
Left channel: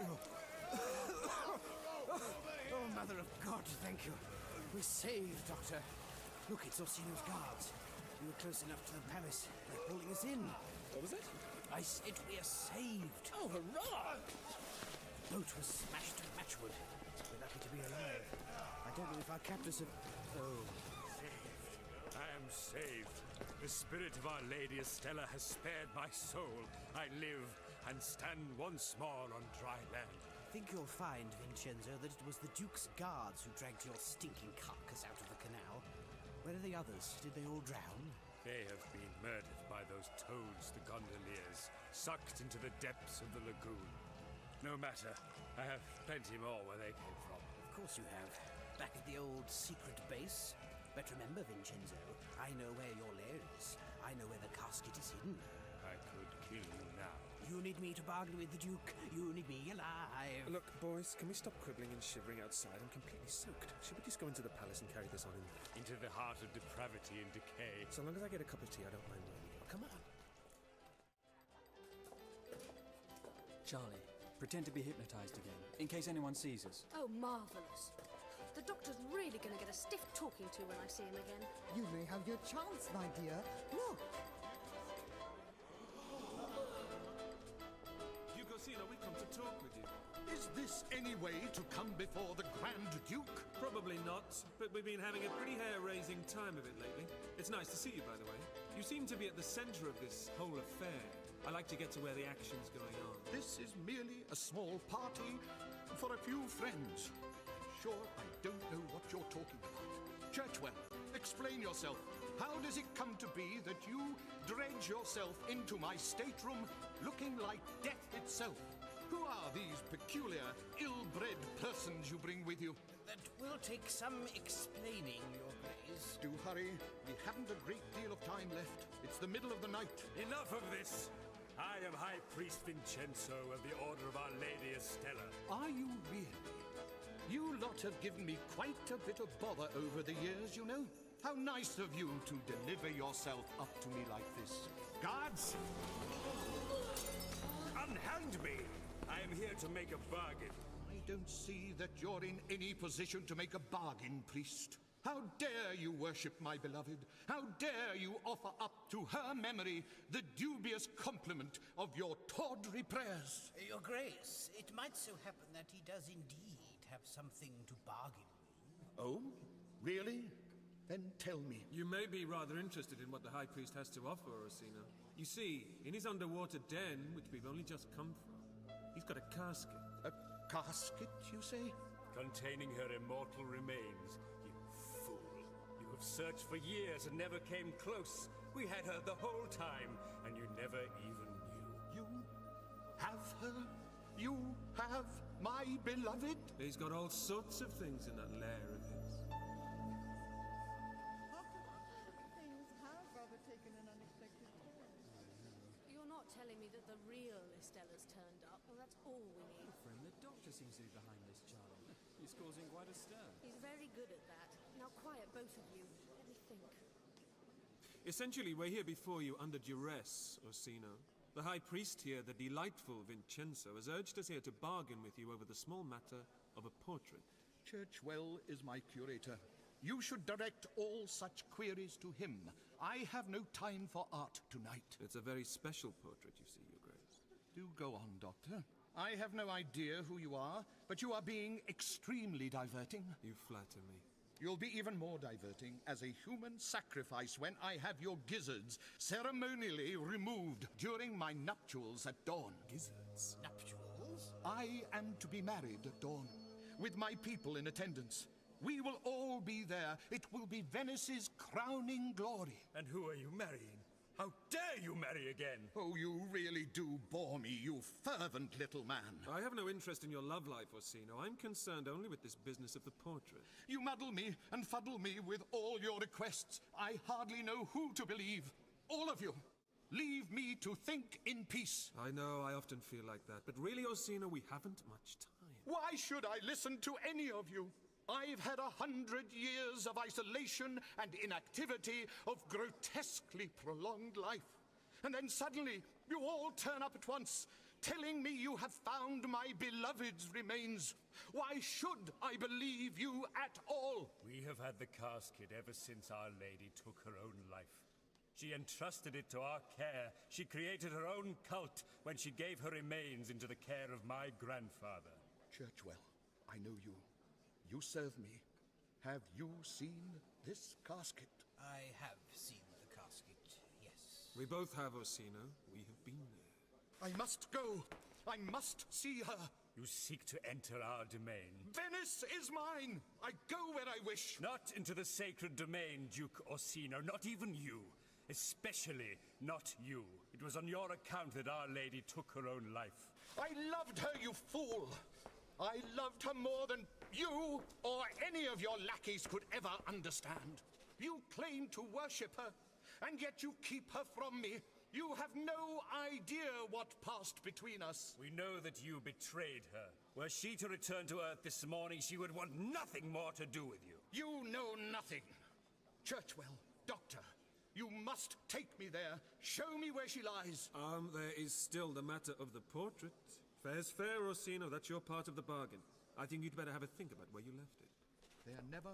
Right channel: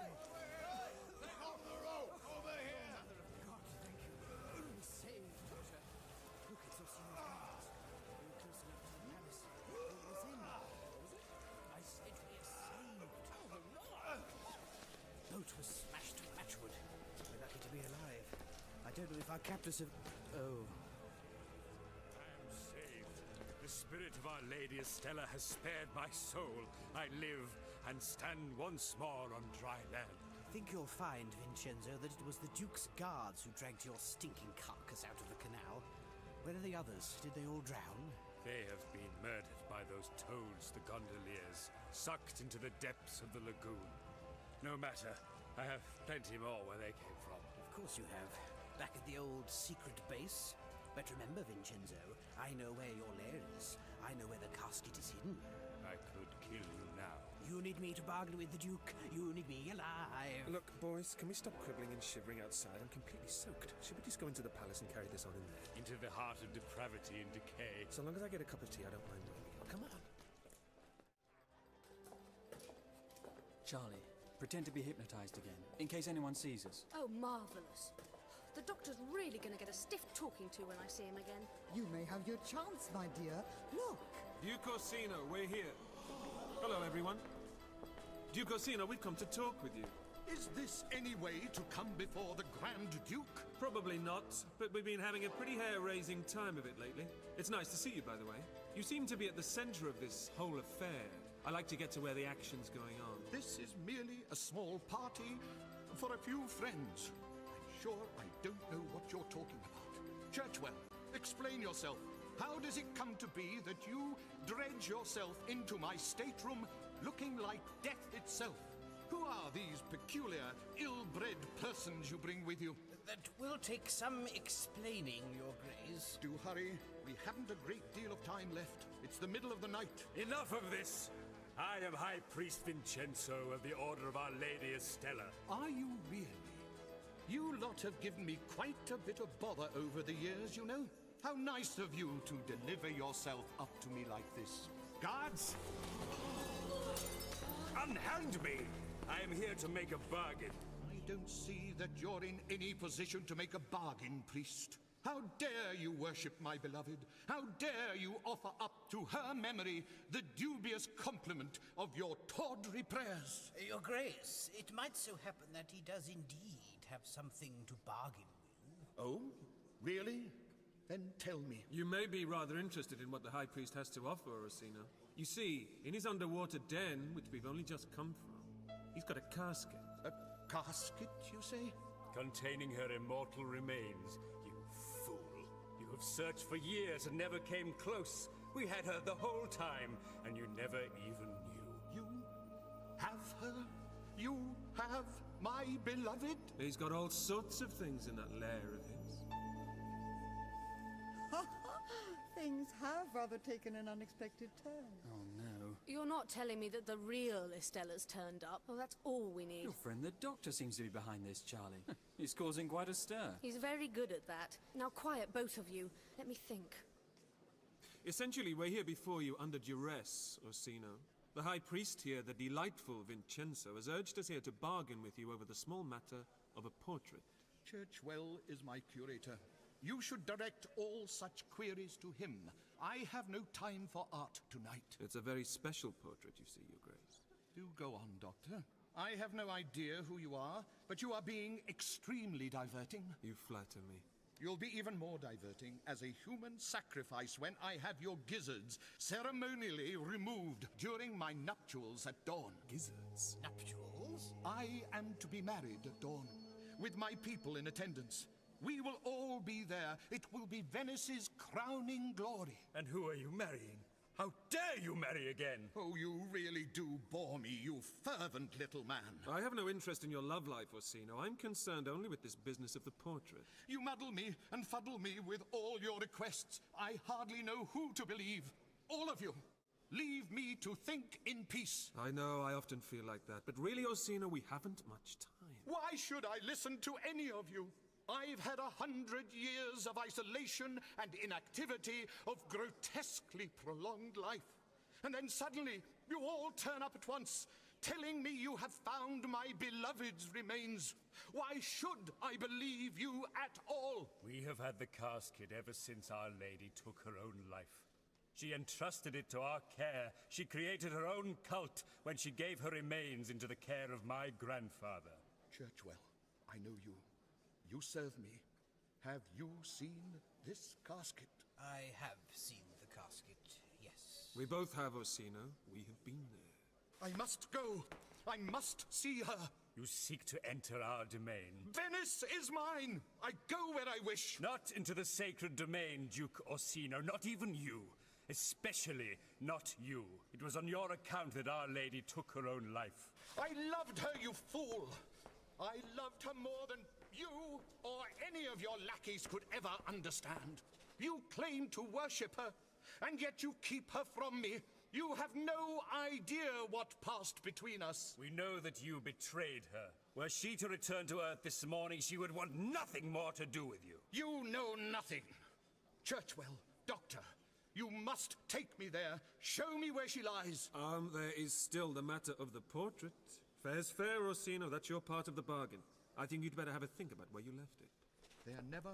Oh, Mother of God, thank you. We're saved, Doctor. Look, it's Orsino's guards. We were close enough to the palace. They're holding us in. What was it? I said we're saved. Oh, hurrah! The boat was smashed to matchwood. We're lucky to be alive. I don't know if our captors have... Oh. I am saved. The spirit of Our Lady Estella has spared my soul. I live and stand once more on dry land. I think you'll find, Vincenzo, that it was the Duke's guards who dragged your stinking carcass out of the canal. Where are the others? Did they all drown? They have been murdered by those toads, the gondoliers, sucked into the depths of the lagoon. No matter, I have plenty more where they came from. Of course you have. Back at the old secret base. But remember, Vincenzo, I know where your lair is. I know where the casket is hidden. I could kill you now. You need me to bargain with the Duke. You need me alive. Look, boys, can we stop quibbling and shivering outside? I'm completely soaked. Should we just go into the palace and carry this on in there? Into the heart of depravity and decay. So long as I get a cup of tea, I don't mind where we go. Come on. Charlie, pretend to be hypnotized again, in case anyone sees us. Oh, marvellous. The Doctor's really going to get a stiff talking to when I see him again. You may have your chance, my dear. Look. Duke Orsino, we're here. Hello, everyone. Duke Orsino, we've come to talk with you. Is this any way to come before the Grand Duke? Probably not, but we've been having a pretty hair-raising time of it lately. It's nice to see you, by the way. You seem to be at the center of this whole affair. I like to get to where the action's going on. This is merely a small party for a few friends. I'm sure I don't know what you're talking about. Churchwell, explain yourself. How does it come to be that you dredge yourself into my stateroom looking like death itself? Who are these peculiar, ill-bred persons you bring with you? That will take some explaining, Your Grace. Do hurry. We haven't a great deal of time left. It's the middle of the night. Enough of this! I am High Priest Vincenzo of the Order of Our Lady Estella. Are you really? You lot have given me quite a bit of bother over the years, you know. How nice of you to deliver yourself up to me like this. Guards! Unhand me! I am here to make a bargain. I don't see that you're in any position to make a bargain, priest. How dare you worship my beloved? How dare you offer up to her memory the dubious compliment of your tawdry prayers? Your Grace, it might so happen that he does indeed have something to bargain with. Oh? Really? Then tell me. You may be rather interested in what the High Priest has to offer, Orsino. You see, in his underwater den, which we've only just come from, he's got a casket. A casket, you say? Containing her immortal remains. You fool. You have searched for years and never came close. We had her the whole time, and you never even knew. You have her? You have my beloved? He's got all sorts of things in that lair of his. Things have rather taken an unexpected turn. Oh, no. You're not telling me that the real Estella's turned up? Well, that's all we need. Your friend the Doctor seems to be behind this, Charlie. He's causing quite a stir. He's very good at that. Now quiet, both of you. Let me think. Essentially, we're here before you under duress, Orsino. The High Priest here, the delightful Vincenzo, has urged us here to bargain with you over the small matter of a portrait. Churchwell is my curator. You should direct all such queries to him. I have no time for art tonight. It's a very special portrait, you see, Your Grace. Do go on, Doctor. I have no idea who you are, but you are being extremely diverting. You flatter me. You'll be even more diverting as a human sacrifice when I have your gizzards ceremonially removed during my nuptials at dawn. Gizzards? Nuptials? I am to be married at dawn, with my people in attendance. We will all be there. It will be Venice's crowning glory. And who are you marrying? How dare you marry again? Oh, you really do bore me, you fervent little man. I have no interest in your love life, Orsino. I'm concerned only with this business of the portrait. You muddle me and fuddle me with all your requests. I hardly know who to believe. All of you. Leave me to think in peace. I know, I often feel like that. But really, Orsino, we haven't much time. Why should I listen to any of you? I've had 100 years of isolation and inactivity, of grotesquely prolonged life. And then suddenly, you all turn up at once, telling me you have found my beloved's remains. Why should I believe you at all? We have had the casket ever since Our Lady took her own life. She entrusted it to our care. She created her own cult when she gave her remains into the care of my grandfather. Churchwell, I know you. You serve me. Have you seen this casket? I have seen the casket, yes. We both have, Orsino. We have been there. I must go. I must see her. You seek to enter our domain. Venice is mine. I go where I wish. Not into the sacred domain, Duke Orsino. Not even you. Especially not you. It was on your account that Our Lady took her own life. I loved her, you fool. I loved her more than you or any of your lackeys could ever understand. You claim to worship her, and yet you keep her from me. You have no idea what passed between us. We know that you betrayed her. Were she to return to Earth this morning, she would want nothing more to do with you. You know nothing. Churchwell, Doctor, you must take me there. Show me where she lies. There is still the matter of the portrait. Fair's fair, Orsino. That's your part of the bargain. I think you'd better have a think about where you left it. There never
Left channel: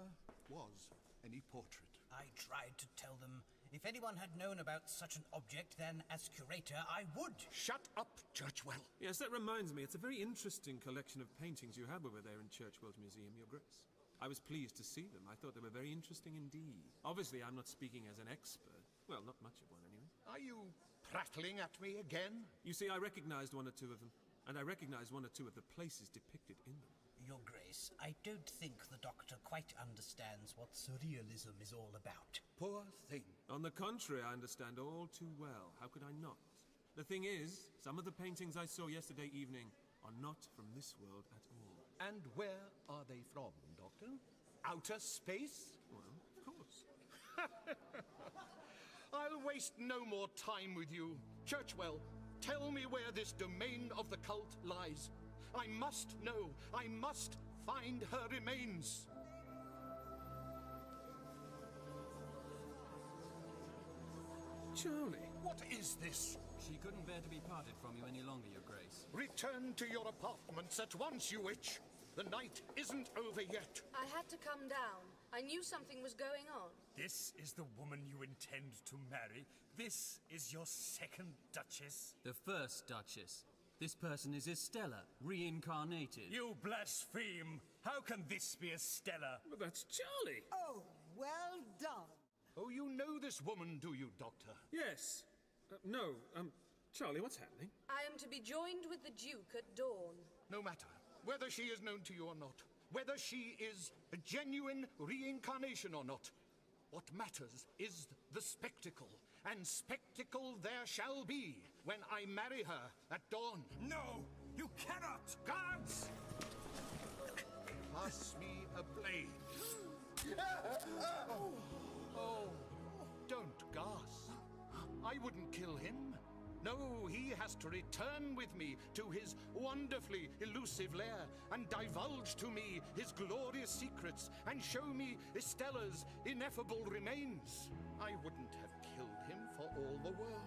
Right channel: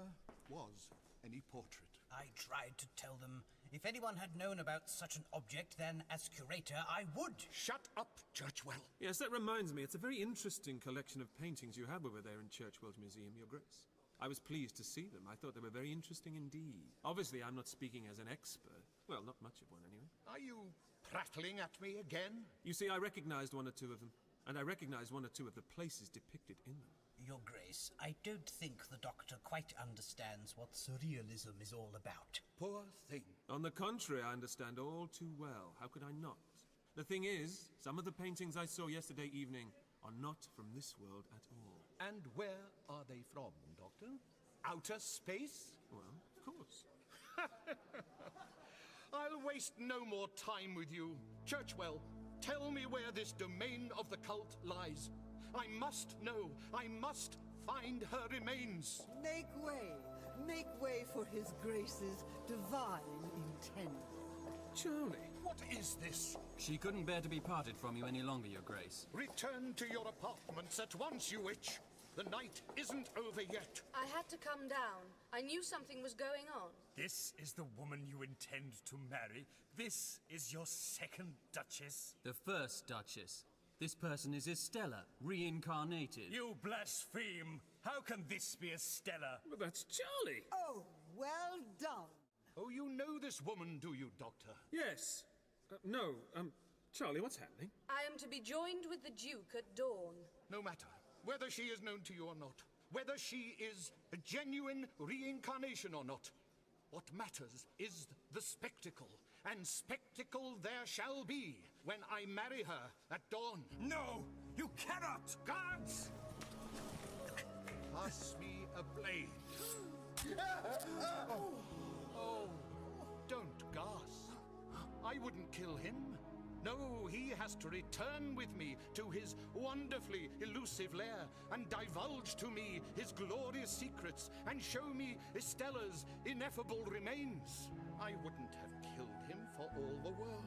was any portrait. I tried to tell them if anyone had known about such an object, then as curator, I would. Shut up, Churchwell. Yes, that reminds me. It's a very interesting collection of paintings you have over there in Churchwell's museum, Your Grace. I was pleased to see them. I thought they were very interesting indeed. Obviously, I'm not speaking as an expert. Well, not much of one, anyway. Are you prattling at me again? You see, I recognized one or two of them, and I recognized one or two of the places depicted in them. Your Grace, I don't think the Doctor quite understands what surrealism is all about. Poor thing. On the contrary, I understand all too well. How could I not? The thing is, some of the paintings I saw yesterday evening are not from this world at all. And where are they from, Doctor? Outer space? Well, of course. I'll waste no more time with you. Churchwell, tell me where this domain of the cult lies. I must know. I must find her remains. Make way for His Grace's divine intent. Charlie. What is this? She couldn't bear to be parted from you any longer, Your Grace. Return to your apartments at once, you witch. The night isn't over yet. I had to come down. I knew something was going on. This is the woman you intend to marry? This is your second Duchess? The first Duchess. This person is Estella, reincarnated. You blaspheme! How can this be Estella? Well, that's Charlie. Oh, well done. Oh, you know this woman, do you, Doctor? Yes. No, Charlie, what's happening? I am to be joined with the Duke at dawn. No matter whether she is known to you or not, whether she is a genuine reincarnation or not. What matters is the spectacle, and spectacle there shall be when I marry her at dawn. No, you cannot! Guards! Pass me a blade. Oh, don't gasp. I wouldn't kill him. No, he has to return with me to his wonderfully elusive lair and divulge to me his glorious secrets and show me Estella's ineffable remains. I wouldn't have killed him for all the world,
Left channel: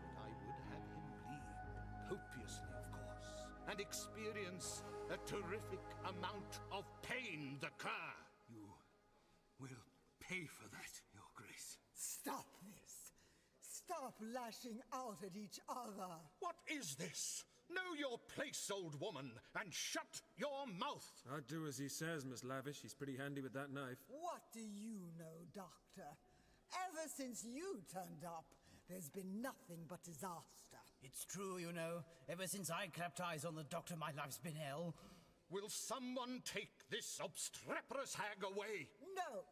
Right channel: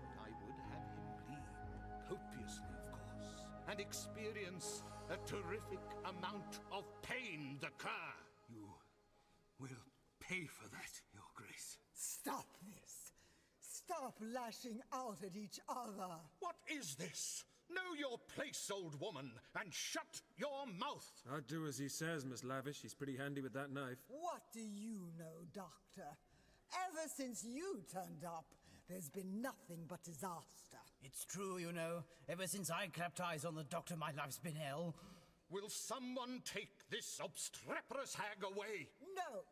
but I would have him bleed, copiously of course, and experience a terrific amount of pain, the cur. You will pay for that, Your Grace. Stop this. Stop lashing out at each other. What is this? Know your place, old woman, and shut your mouth. I'd do as he says, Miss Lavish. He's pretty handy with that knife. What do you know, Doctor? Ever since you turned up, there's been nothing but disaster. It's true, you know. Ever since I clapped eyes on the Doctor, my life's been hell. Will someone take this obstreperous hag away? No.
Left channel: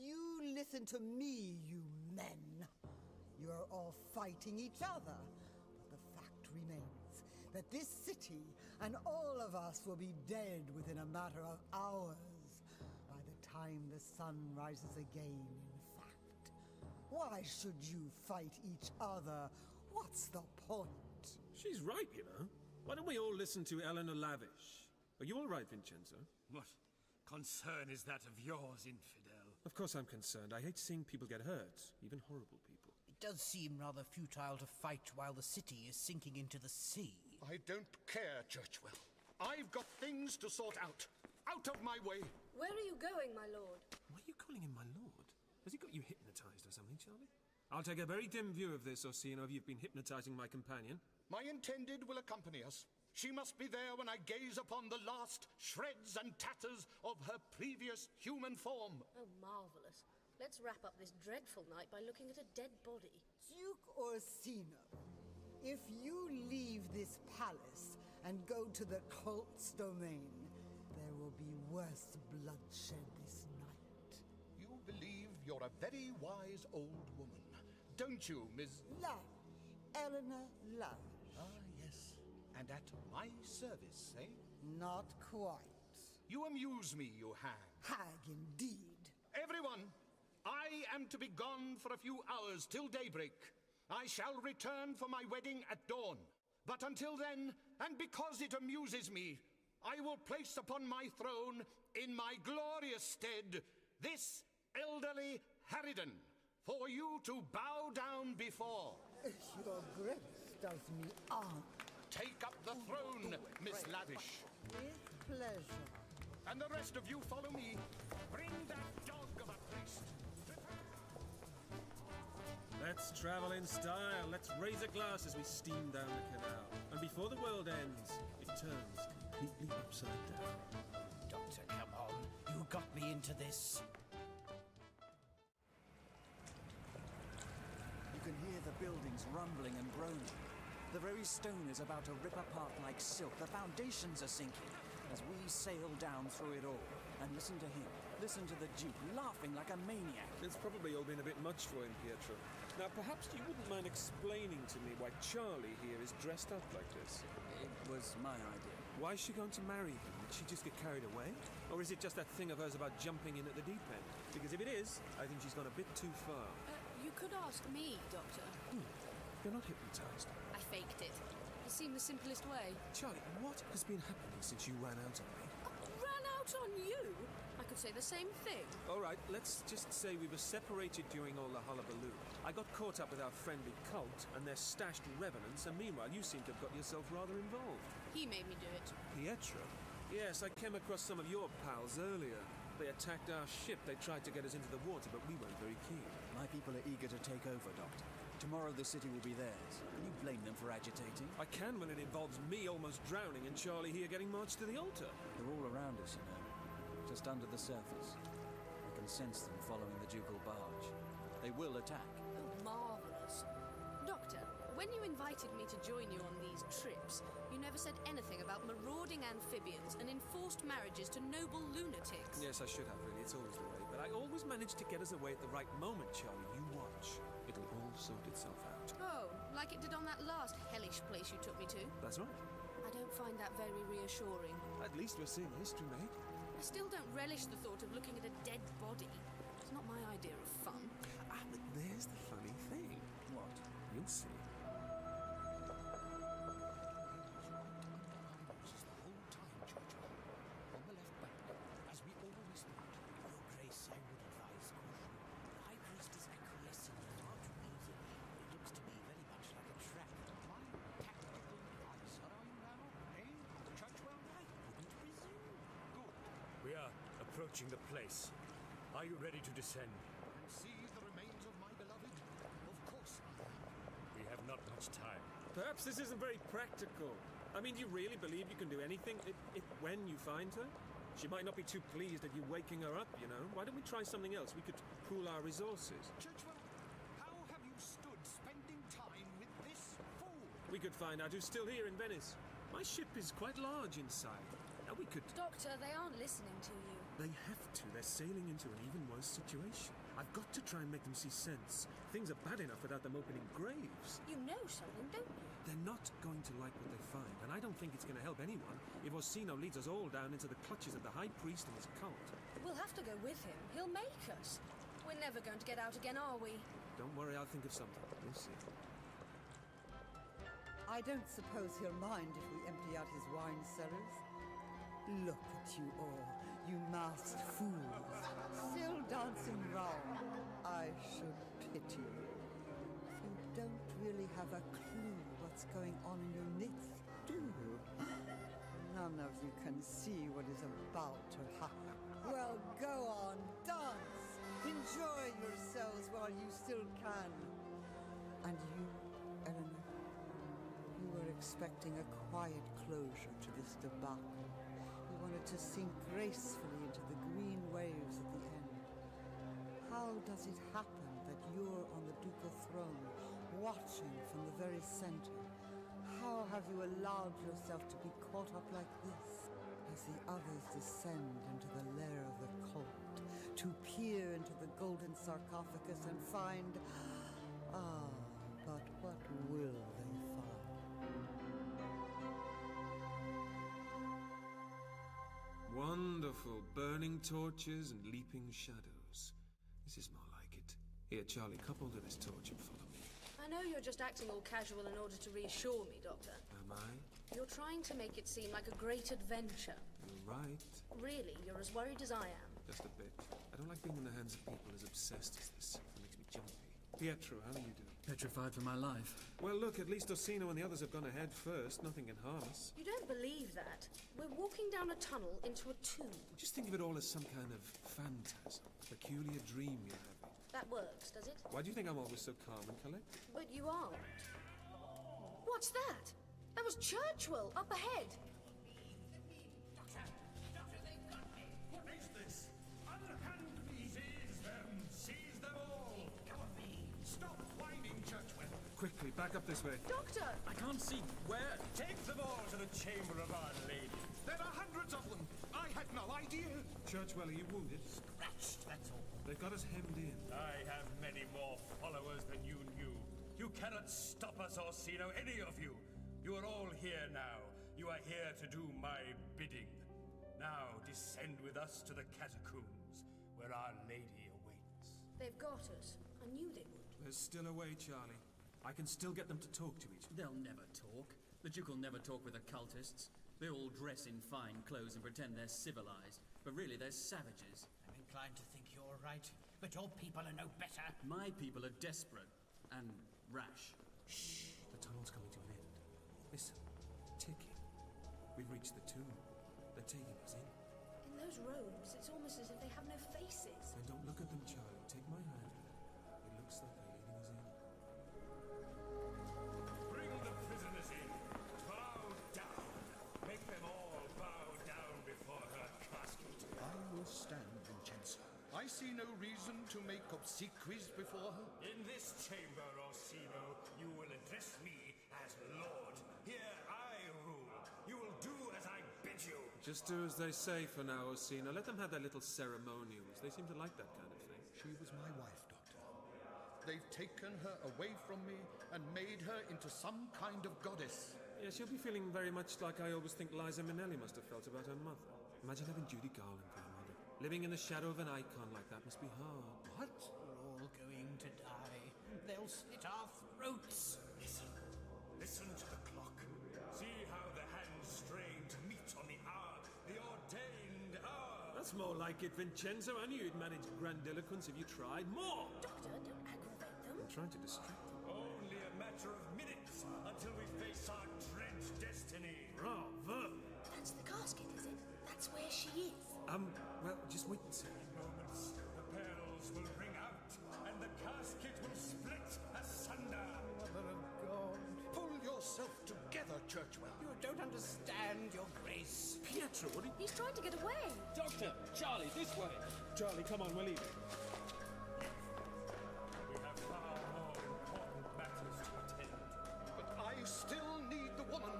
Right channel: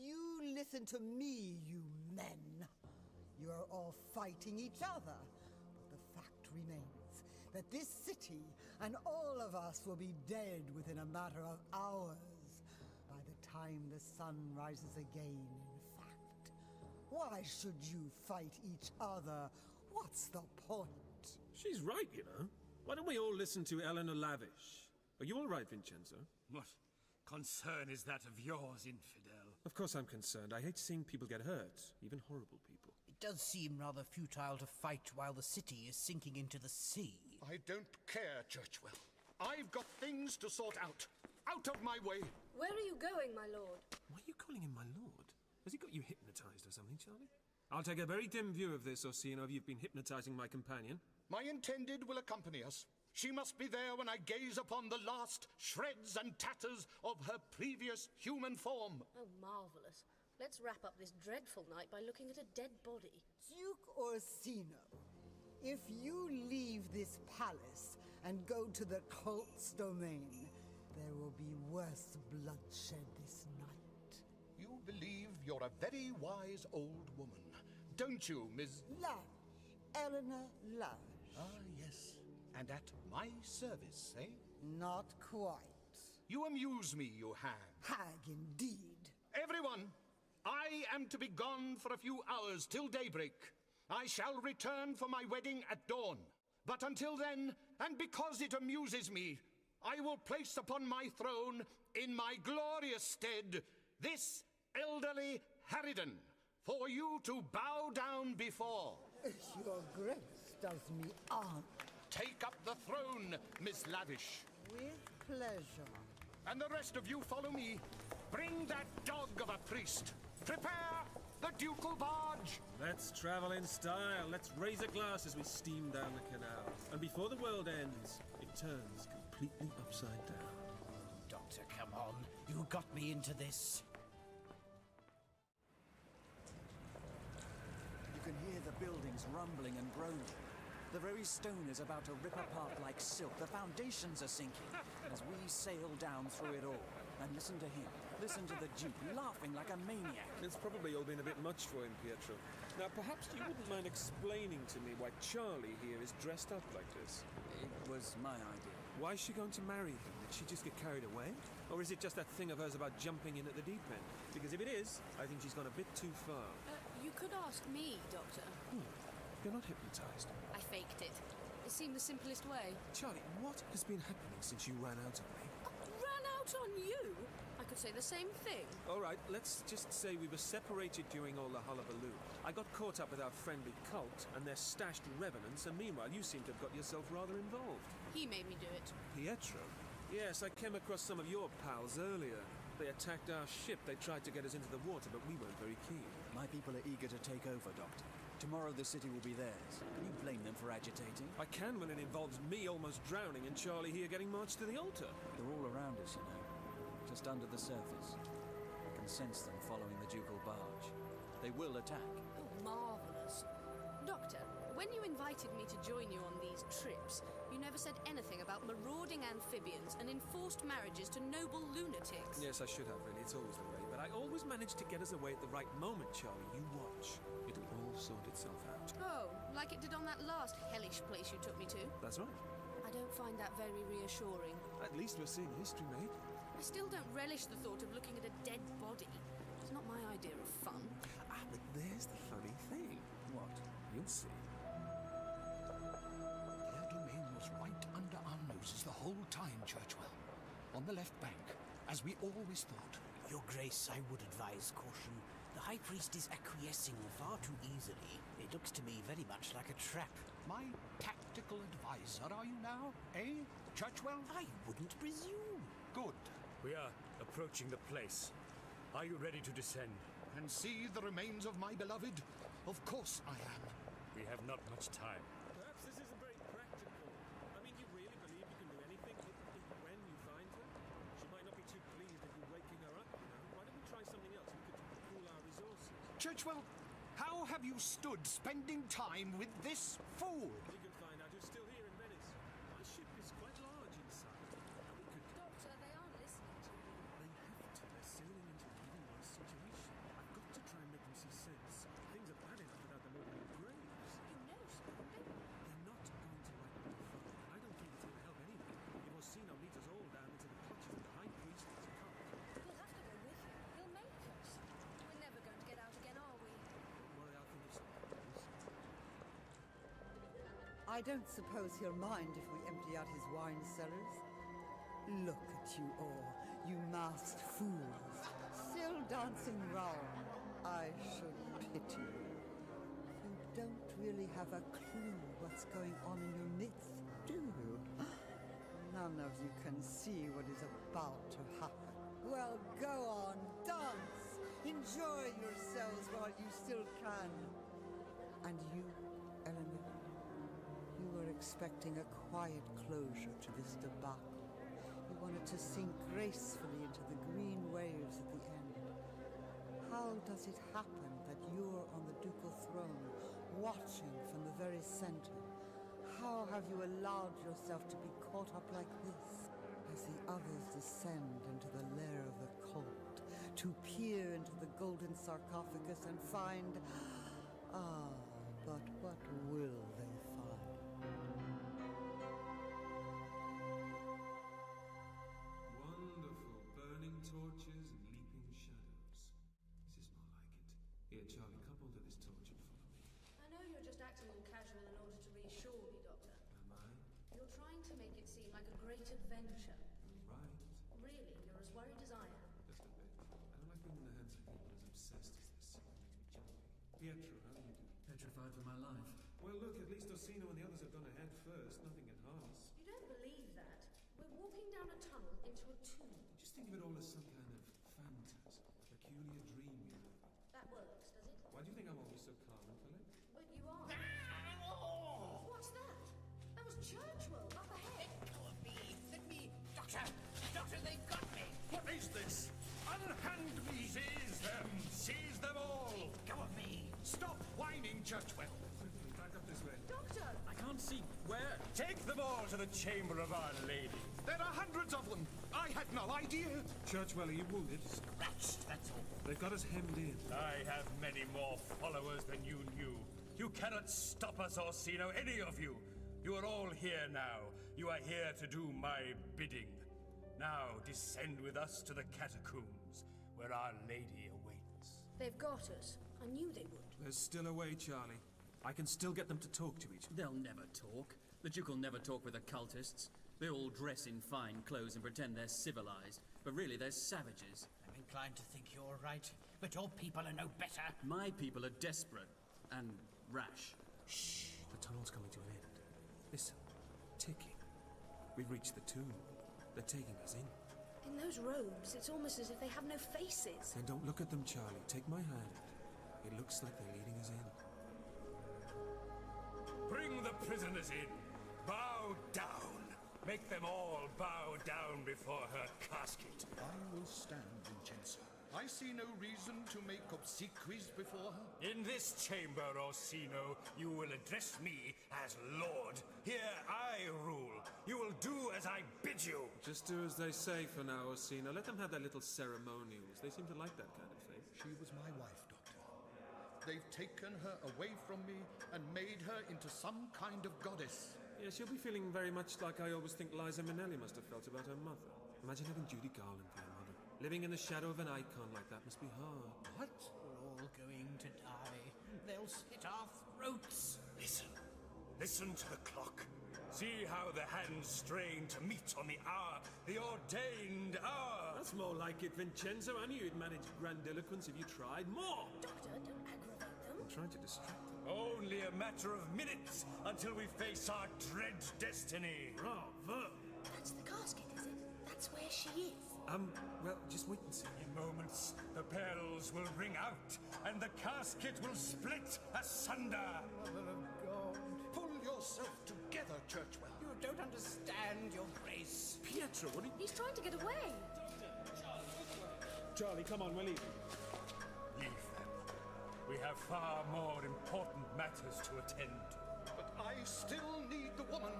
You listen to me, you men. You are all fighting each other. But the fact remains that this city and all of us will be dead within a matter of hours. By the time the sun rises again, in fact. Why should you fight each other? What's the point? She's right, you know. Why don't we all listen to Eleanor Lavish? Are you all right, Vincenzo? What? concern is that of yours, infidel? Of course I'm concerned. I hate seeing people get hurt, even horrible people. It does seem rather futile to fight while the city is sinking into the sea. I don't care, Churchwell. I've got things to sort out. Out of my way! Where are you going, my lord? Why are you calling him my lord? Has he got you hypnotized or something, Charlie? I'll take a very dim view of this, Orsino, if you've been hypnotizing my companion. My intended will accompany us. She must be there when I gaze upon the last shreds and tatters of her previous human form. Oh, marvellous. Let's wrap up this dreadful night by looking at a dead body. Duke Orsino, if you leave this palace and go to the cult's domain, there will be worse bloodshed this night. You believe you're a very wise old woman, don't you, Miss... Lavish. Eleanor Lavish. Ah, yes. And at my service, eh? Not quite. You amuse me, you hag. Hag indeed. Everyone, I am to be gone for a few hours till daybreak. I shall return for my wedding at dawn. But until then, and because it amuses me, I will place upon my throne, in my glorious stead, this elderly harridan, for you to bow down before. Your grace does me honor. Take up the throne, Miss Lavish. With pleasure. And the rest of you follow me. Bring that dog of a priest. Prepare the ducal barge. Let's travel in style. Let's raise a glass as we steam down the canal. And before the world ends, it turns completely upside down. Doctor, come on. You got me into this. You can hear the buildings rumbling and groaning. The very stone is about to rip apart like silk. The foundations are sinking as we sail down through it all. And listen to him. Listen to the Duke laughing like a maniac. It's probably all been a bit much for him, Pietro. Now, perhaps you wouldn't mind explaining to me why Charlie here is dressed up like this? It was my idea. Why is she going to marry him? Did she just get carried away? Or is it just that thing of hers about jumping in at the deep end? Because if it is, I think she's gone a bit too far. You could ask me, Doctor. You're not hypnotized. I faked it. It seemed the simplest way. Charlie, what has been happening since you ran out on me? Ran out on you? I could say the same thing. All right, let's just say we were separated during all the hullabaloo. I got caught up with our friendly cult and their stashed revenants, and meanwhile you seem to have got yourself rather involved. He made me do it. Pietro? Yes, I came across some of your pals earlier. They attacked our ship. They tried to get us into the water, but we weren't very keen. My people are eager to take over, Doctor. Tomorrow the city will be theirs. Can you blame them for agitating? I can when it involves me almost drowning and Charlie here getting marched to the altar. They're all around us, you know. Just under the surface. I can sense them following the ducal barge. They will attack. Oh, marvellous. Doctor, when you invited me to join you on these trips, you never said anything about marauding amphibians and enforced marriages to noble lunatics. Yes, I should have, really. It's always the way. But I always manage to get us away at the right moment, Charlie. You watch. It'll all sort itself out. Oh, like it did on that last hellish place you took me to? That's right. I don't find that very reassuring. At least we're seeing history, mate. I still don't relish the thought of looking at a dead body. It's not my idea of fun. Ah, but there's the funny thing. What? You'll see. Their domain was right under our noses the whole time, Churchwell. On the left bank, as we always thought. Your Grace, I would advise caution. The High Priest is acquiescing far too easily. It looks to me very much like a trap. My tactical advisor, are you now? Eh, Churchwell? I wouldn't presume. Good. We are approaching the place. Are you ready to descend? And see the remains of my beloved? Of course I am. We have not much time. Perhaps this isn't very practical. I mean, do you really believe you can do anything when you find her? She might not be too pleased at you waking her up, you know. Why don't we try something else? We could pool our resources. Churchwell, how have you stood spending time with this fool? We could find out who's still here in Venice. My ship is quite large inside. Now we could... Doctor, they aren't listening to you. They have to. They're sailing into an even worse situation. I've got to try and make them see sense. Things are bad enough without them opening graves. You know something, don't you? They're not going to like what they find, and I don't think it's going to help anyone if Orsino leads us all down into the clutches of the High Priest and his cult. We'll have to go with him. He'll make us. We're never going to get out again, are we? Don't worry, I'll think of something. We'll see. I don't suppose he'll mind if we empty out his wine cellars. Look at you all, you masked fools, still dancing round. I should pity you. You don't really have a clue what's going on in your midst, do you? None of you can see what is about to happen. Well, go on, dance! Enjoy yourselves while you still can. And you, Eleanor, you were expecting a quiet closure to this debacle. You wanted to sink gracefully into the green waves at the end. How does it happen that you're on the ducal throne, watching from the very center? How have you allowed yourself to be caught up like this, as the others descend into the lair of the cult, to peer into the golden sarcophagus and find... but what will they find? Wonderful. Burning torches and leaping shadows. This is more like it. Here, Charlie, couple to this torch and follow me. I know you're just acting all casual in order to reassure me, Doctor. Am I? You're trying to make it seem like a great adventure. You're right. Really, you're as worried as I am. Just a bit. I don't like being in the hands of people as obsessed as this. It makes me jumpy. Pietro, how are you doing? Petrified for my life. Well, look, at least Orsino and the others have gone ahead first. Nothing can harm us. You don't believe that? We're walking down a tunnel into a tomb. Just think of it all as some kind of phantasm, a peculiar dream you're having. That works, does it? Why do you think I'm always so calm and collected? But you aren't. What's that? That was Churchwell, up ahead. Let me... Doctor! Doctor, they've got me! What is this? Unhand me! Seize them! Seize them all! Go of me! Stop whining, Churchwell! Quickly, back up this way. Doctor! I can't see where. Take them all to the Chamber of Our Lady. There are hundreds of them. I had no idea. Churchwell, are you wounded? Scratched, that's all. They've got us hemmed in. I have many more followers than you knew. You cannot stop us, Orsino, any of you. You are all here now. You are here to do my bidding. Now descend with us to the catacombs, where Our Lady awaits. They've got us. I knew they would. There's still a way, Charlie. I can still get them to talk to each other. They'll never talk. The Duke will never talk with occultists. They all dress in fine clothes and pretend they're civilized, but really they're savages. I'm inclined to think you're right, but your people are no better. My people are desperate and rash. Shh! The tunnel's coming to an end. Listen, ticking. We've reached the tomb. They're taking us in. In those robes, it's almost as if they have no faces. Then don't look at them, Charlie. Take my hand. It looks like they're leading us in. Bring the prisoners in. Bow down. Make them all bow down before her casket. I will stand, Vincenzo. I see no reason to make obsequies before her. In this chamber, Orsino, you will address me as Lord. Here I rule. You will do as I bid you. Just do as they say for now, Orsino. Let them have their little ceremonials. They seem to like that kind of thing. She was my wife, Doctor. They've taken her away from me and made her into some kind of goddess. Yeah, she'll be feeling very much like I always think Liza Minnelli must have felt about her mother. Imagine having Judy Garland for your mother. Living in the shadow of an icon like that must be hard. What? We're all going to die. They'll slit our throats. Listen. Listen to the clock. See how the hands strain to meet on the hour. The ordained hour. That's more like it, Vincenzo. I knew you'd manage grandiloquence if you tried. More! Doctor, don't aggravate them. I'm trying to distract them. Only a matter of minutes until we face our dread destiny. Bravo! That's the casket, is it? That's where she is. Well, just wait and see. In moments, the bells will ring out, and the casket will split asunder. Mother of God. Pull yourself together, Churchwell. You don't understand, Your Grace. Pietro, what are you... He's trying to get away. Doctor! Charlie, this way! Charlie, come on, we're leaving. Leave them. We have far more important matters to attend to. But I still need the woman.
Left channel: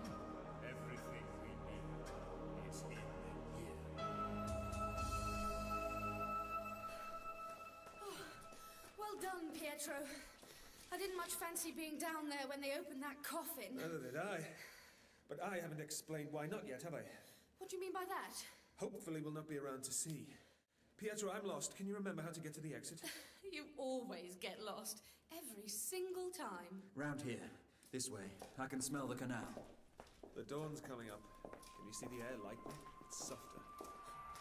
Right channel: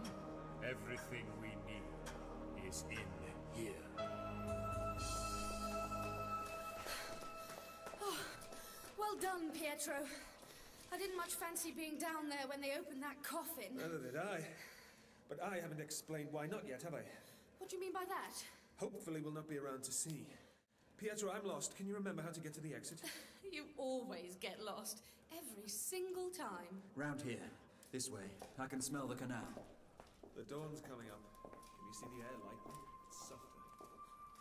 Everything we need is in here. Well done, Pietro. I didn't much fancy being down there when they opened that coffin. Neither did I. But I haven't explained why not yet, have I? What do you mean by that? Hopefully we'll not be around to see. Pietro, I'm lost. Can you remember how to get to the exit? You always get lost. Every single time. Round here. This way. I can smell the canal. The dawn's coming up. Can you see the air lightening? softer.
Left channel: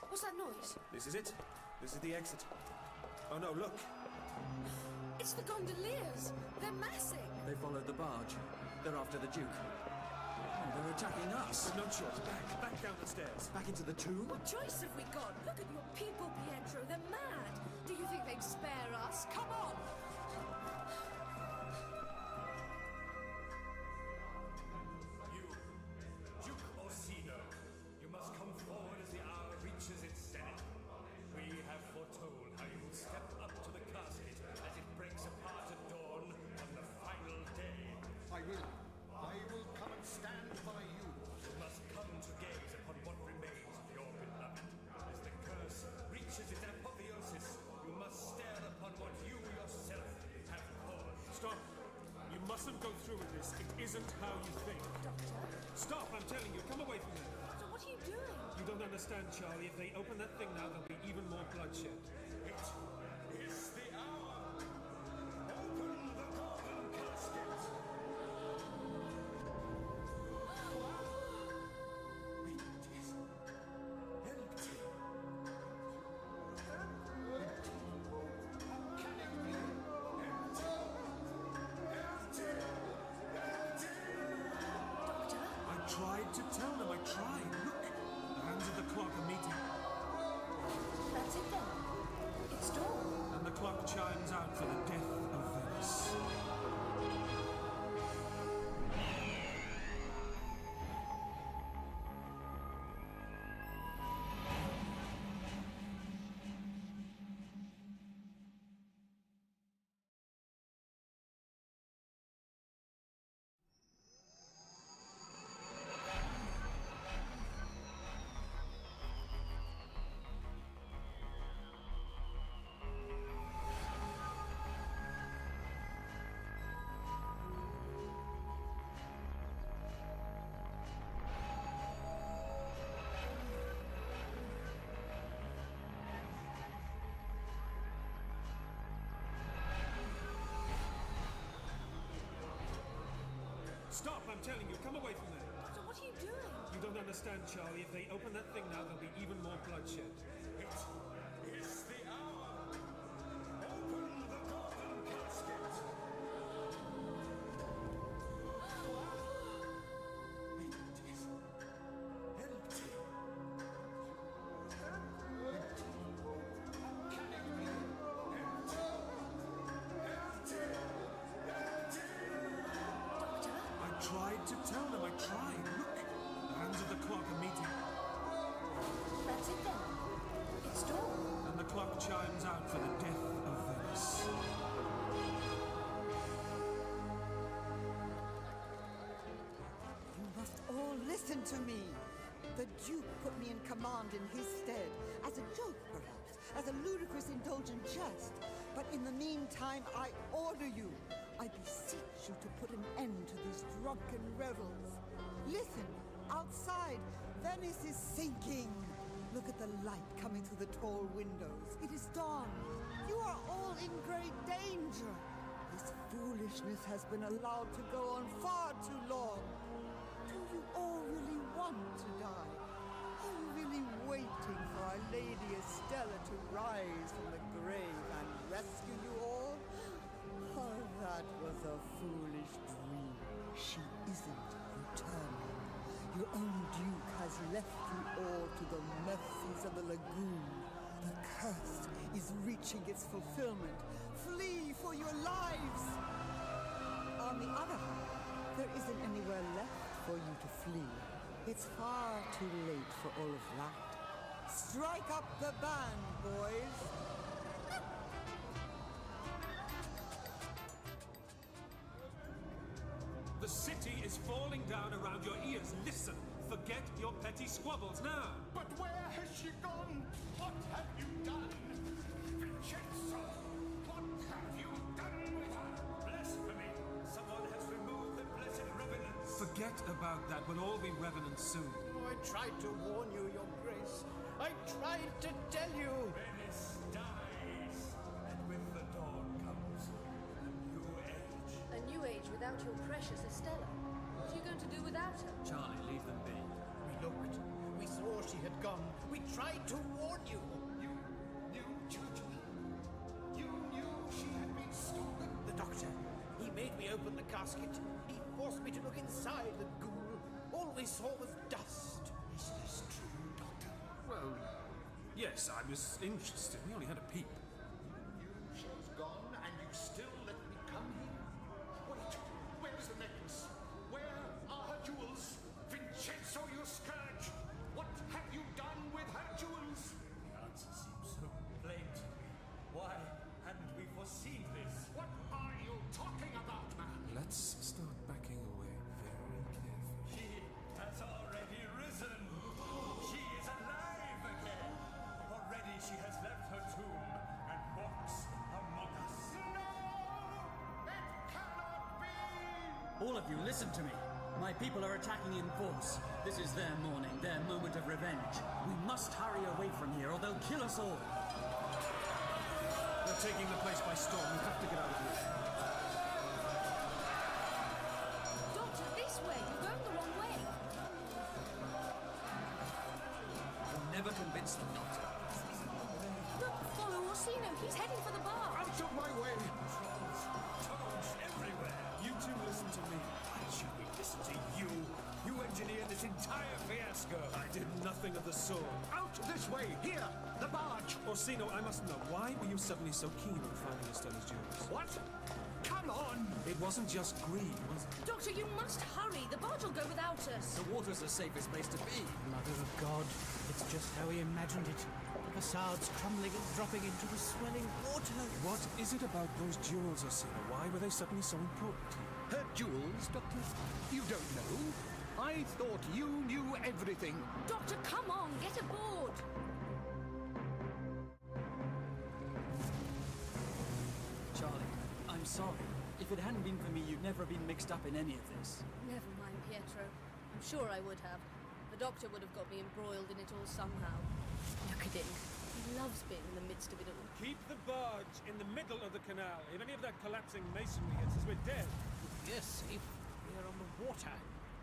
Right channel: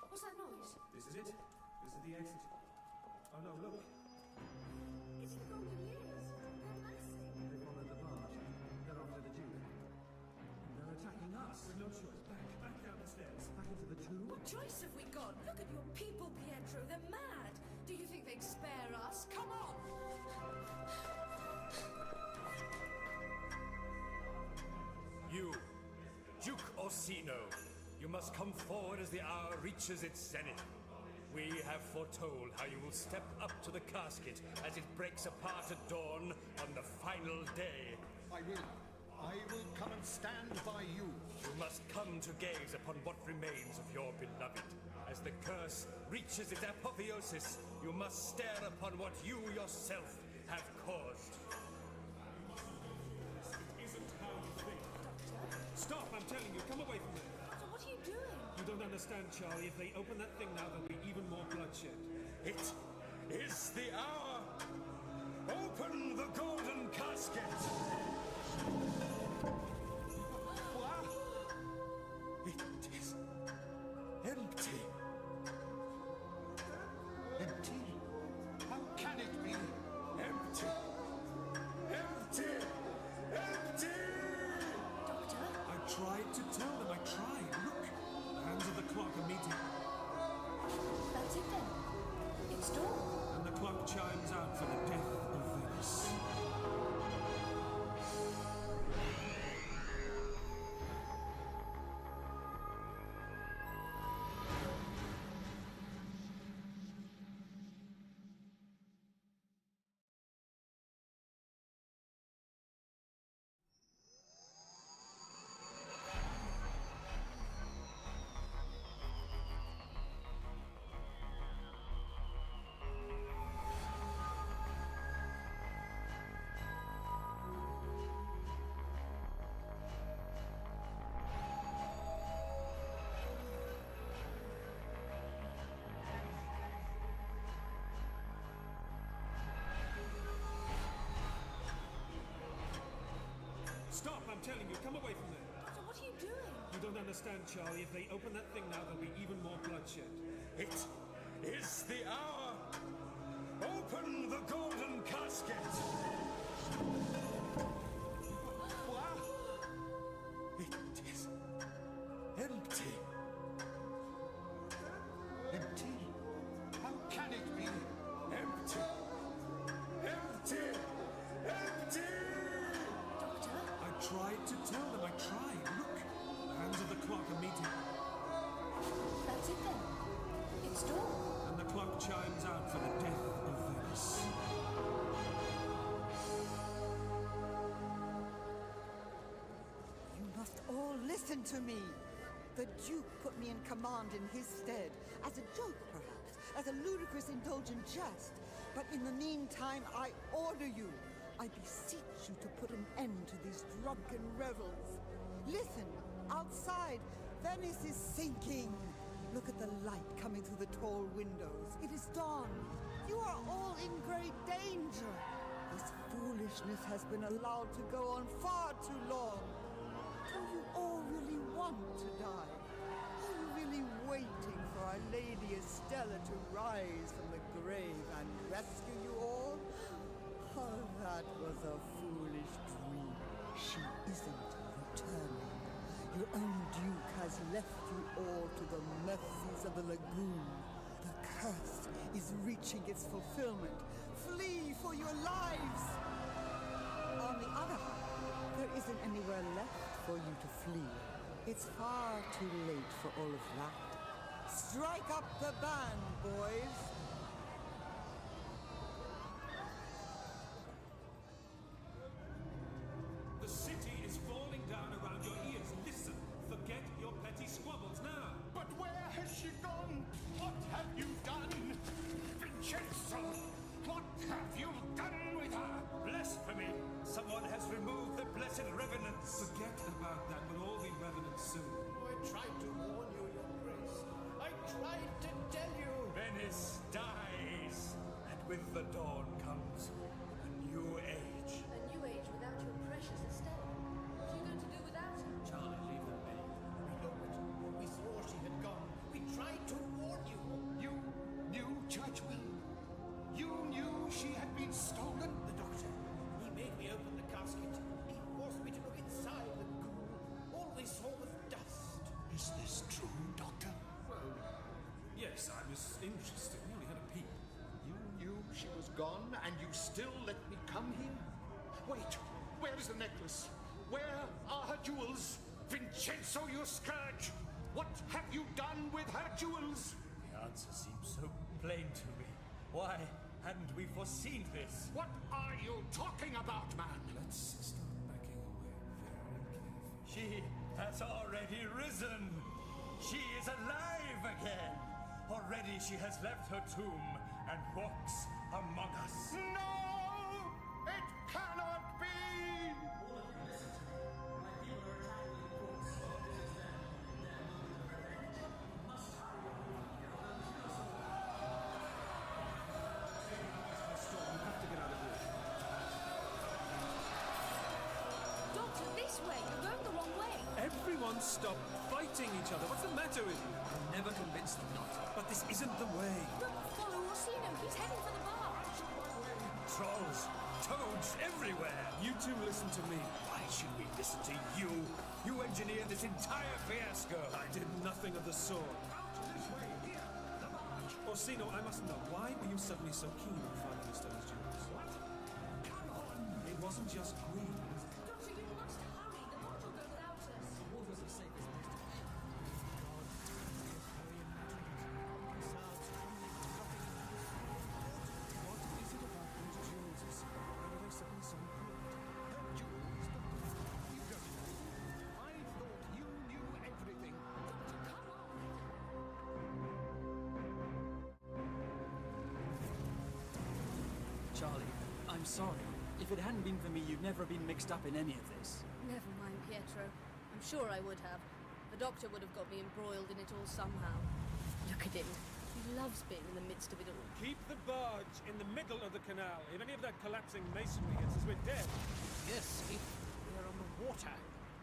What's that noise? This is it. This is the exit. Oh no, look. It's the gondoliers. They're massing. They followed the barge. They're after the Duke. Oh, they're attacking us. No choice. Back down the stairs. Back into the tube? What choice have we got? Look at your people, Pietro. They're mad. Do you think they'd spare us? Come on. You, Duke Orsino, you must come forward as the hour reaches its zenith. We have foretold how you will step up to the casket as it breaks apart at dawn on the final day. I will come and stand by you. You must come to gaze upon what remains of your beloved. As the curse reaches its apotheosis, you must stare upon what you yourself have caused. Stop. You mustn't go through with this. It isn't how you think. Doctor? Stop, I'm telling you. Come away from there. Doctor, what are you doing? You don't understand, Charlie. If they open that thing now, there'll be even more bloodshed. It is the hour! Open the golden casket! Wow! It is empty. Empty? How can it be? Empty! Empty! Empty! Doctor? I tried to tell them. I tried. Look. The hands of the clock are meeting. That's it then. It's dawn. And the clock chimes out for the death of Venice. Stop, I'm telling you. Come away from there. Doctor, what are you doing? You don't understand, Charlie. If they open that thing now, there'll be even more bloodshed. It is the hour! Open the golden casket! Wow! It is empty. Empty? How can it be? Empty! Empty! Empty! Doctor? I tried to tell them. I tried. Look. The hands of the clock are meeting. That's it then. It's dawn. And the clock chimes out for the death of Venice. You must all listen to me. The Duke put me in command in his stead, as a joke perhaps, as a ludicrous indulgent jest. But in the meantime, I order you, I beseech you to put an end to these drunken revels. Listen, outside, Venice is sinking. Look at the light coming through the tall windows. It is dawn. You are all in great danger. This foolishness has been allowed to go on far too long. Do you all really want to die? Are you really waiting for Our Lady Estella to rise from the grave and rescue you all? Oh, that was a foolish dream. She isn't returning. Your own Duke has left you all to the mercies of the lagoon. The curse is reaching its fulfillment. Flee for your lives! On the other hand, there isn't anywhere left for you to flee. It's far too late for all of that. Strike up the band, boys! The city is falling down around your ears. Listen, forget your petty squabbles now. But where has she gone? What have you done? Vincenzo! What have you done with her? Blasphemy! Someone has removed the blessed revenants. Forget about that. We'll all be revenants soon. Oh, I tried to warn you, Your Grace. I tried to tell you. Venice dies, and with the dawn comes a new age. A new age without your precious Estella. What are you going to do without her? Charlie, leave them be. We looked. We saw she had gone. Catchwell? You knew she had been stolen? The doctor. He made me open the casket. He forced me to look inside the ghoul. All we saw was dust. Is this true, Doctor? Well, yes, I was interested. We only had a peep. You knew she was gone, and you still let me come here? Wait, where is the necklace? Where are her jewels? Vincenzo, you scourge! What have you done with her jewels? The answer seems so plain to me. Why hadn't we foreseen this? What are you talking about, man? Let's start backing away very carefully. She has already risen. She is alive again. Already she has left her tomb and walks among us. No! It cannot be! All of you, listen to me. My people are attacking in force. This is their morning, their moment of revenge. We must hurry away from here or they'll kill us all. They're taking the place by storm. We have to get out of here. Doctor, this way! You're going the wrong way! Everyone stop fighting each other. What's the matter with you? We'll never convince them, Doctor. But this isn't the way. Look, follow Orsino. He's heading for the bar. Out of my way! Trolls, toads everywhere. You two listen to me. Why should we listen to you? You engineered this entire fiasco. I did nothing of the sort. Out this way! Here! The barge! Orsino, I must know, why were you suddenly so keen on finding Estella's jewels? What? Come on! It wasn't just greed, was it? Doctor, you must hurry. The barge will go without us. The water's the safest place to be. Mother of God, it's just how he imagined it. Facades crumbling and dropping into the swelling water. What is it about those jewels, Orsino? Why were they suddenly so important to you? Her jewels, Doctor? You don't know? I thought you knew everything. Doctor, come on. Get aboard. Charlie, I'm sorry. If it hadn't been for me, you'd never have been mixed up in any of this. Never mind, Pietro. I'm sure I would have. The doctor would have got me embroiled in it all somehow. Look at him. He loves being in the midst of it all. Keep the barge in the middle of the canal. If any of that collapsing masonry hits us, we're dead. We're safe. We're on the water.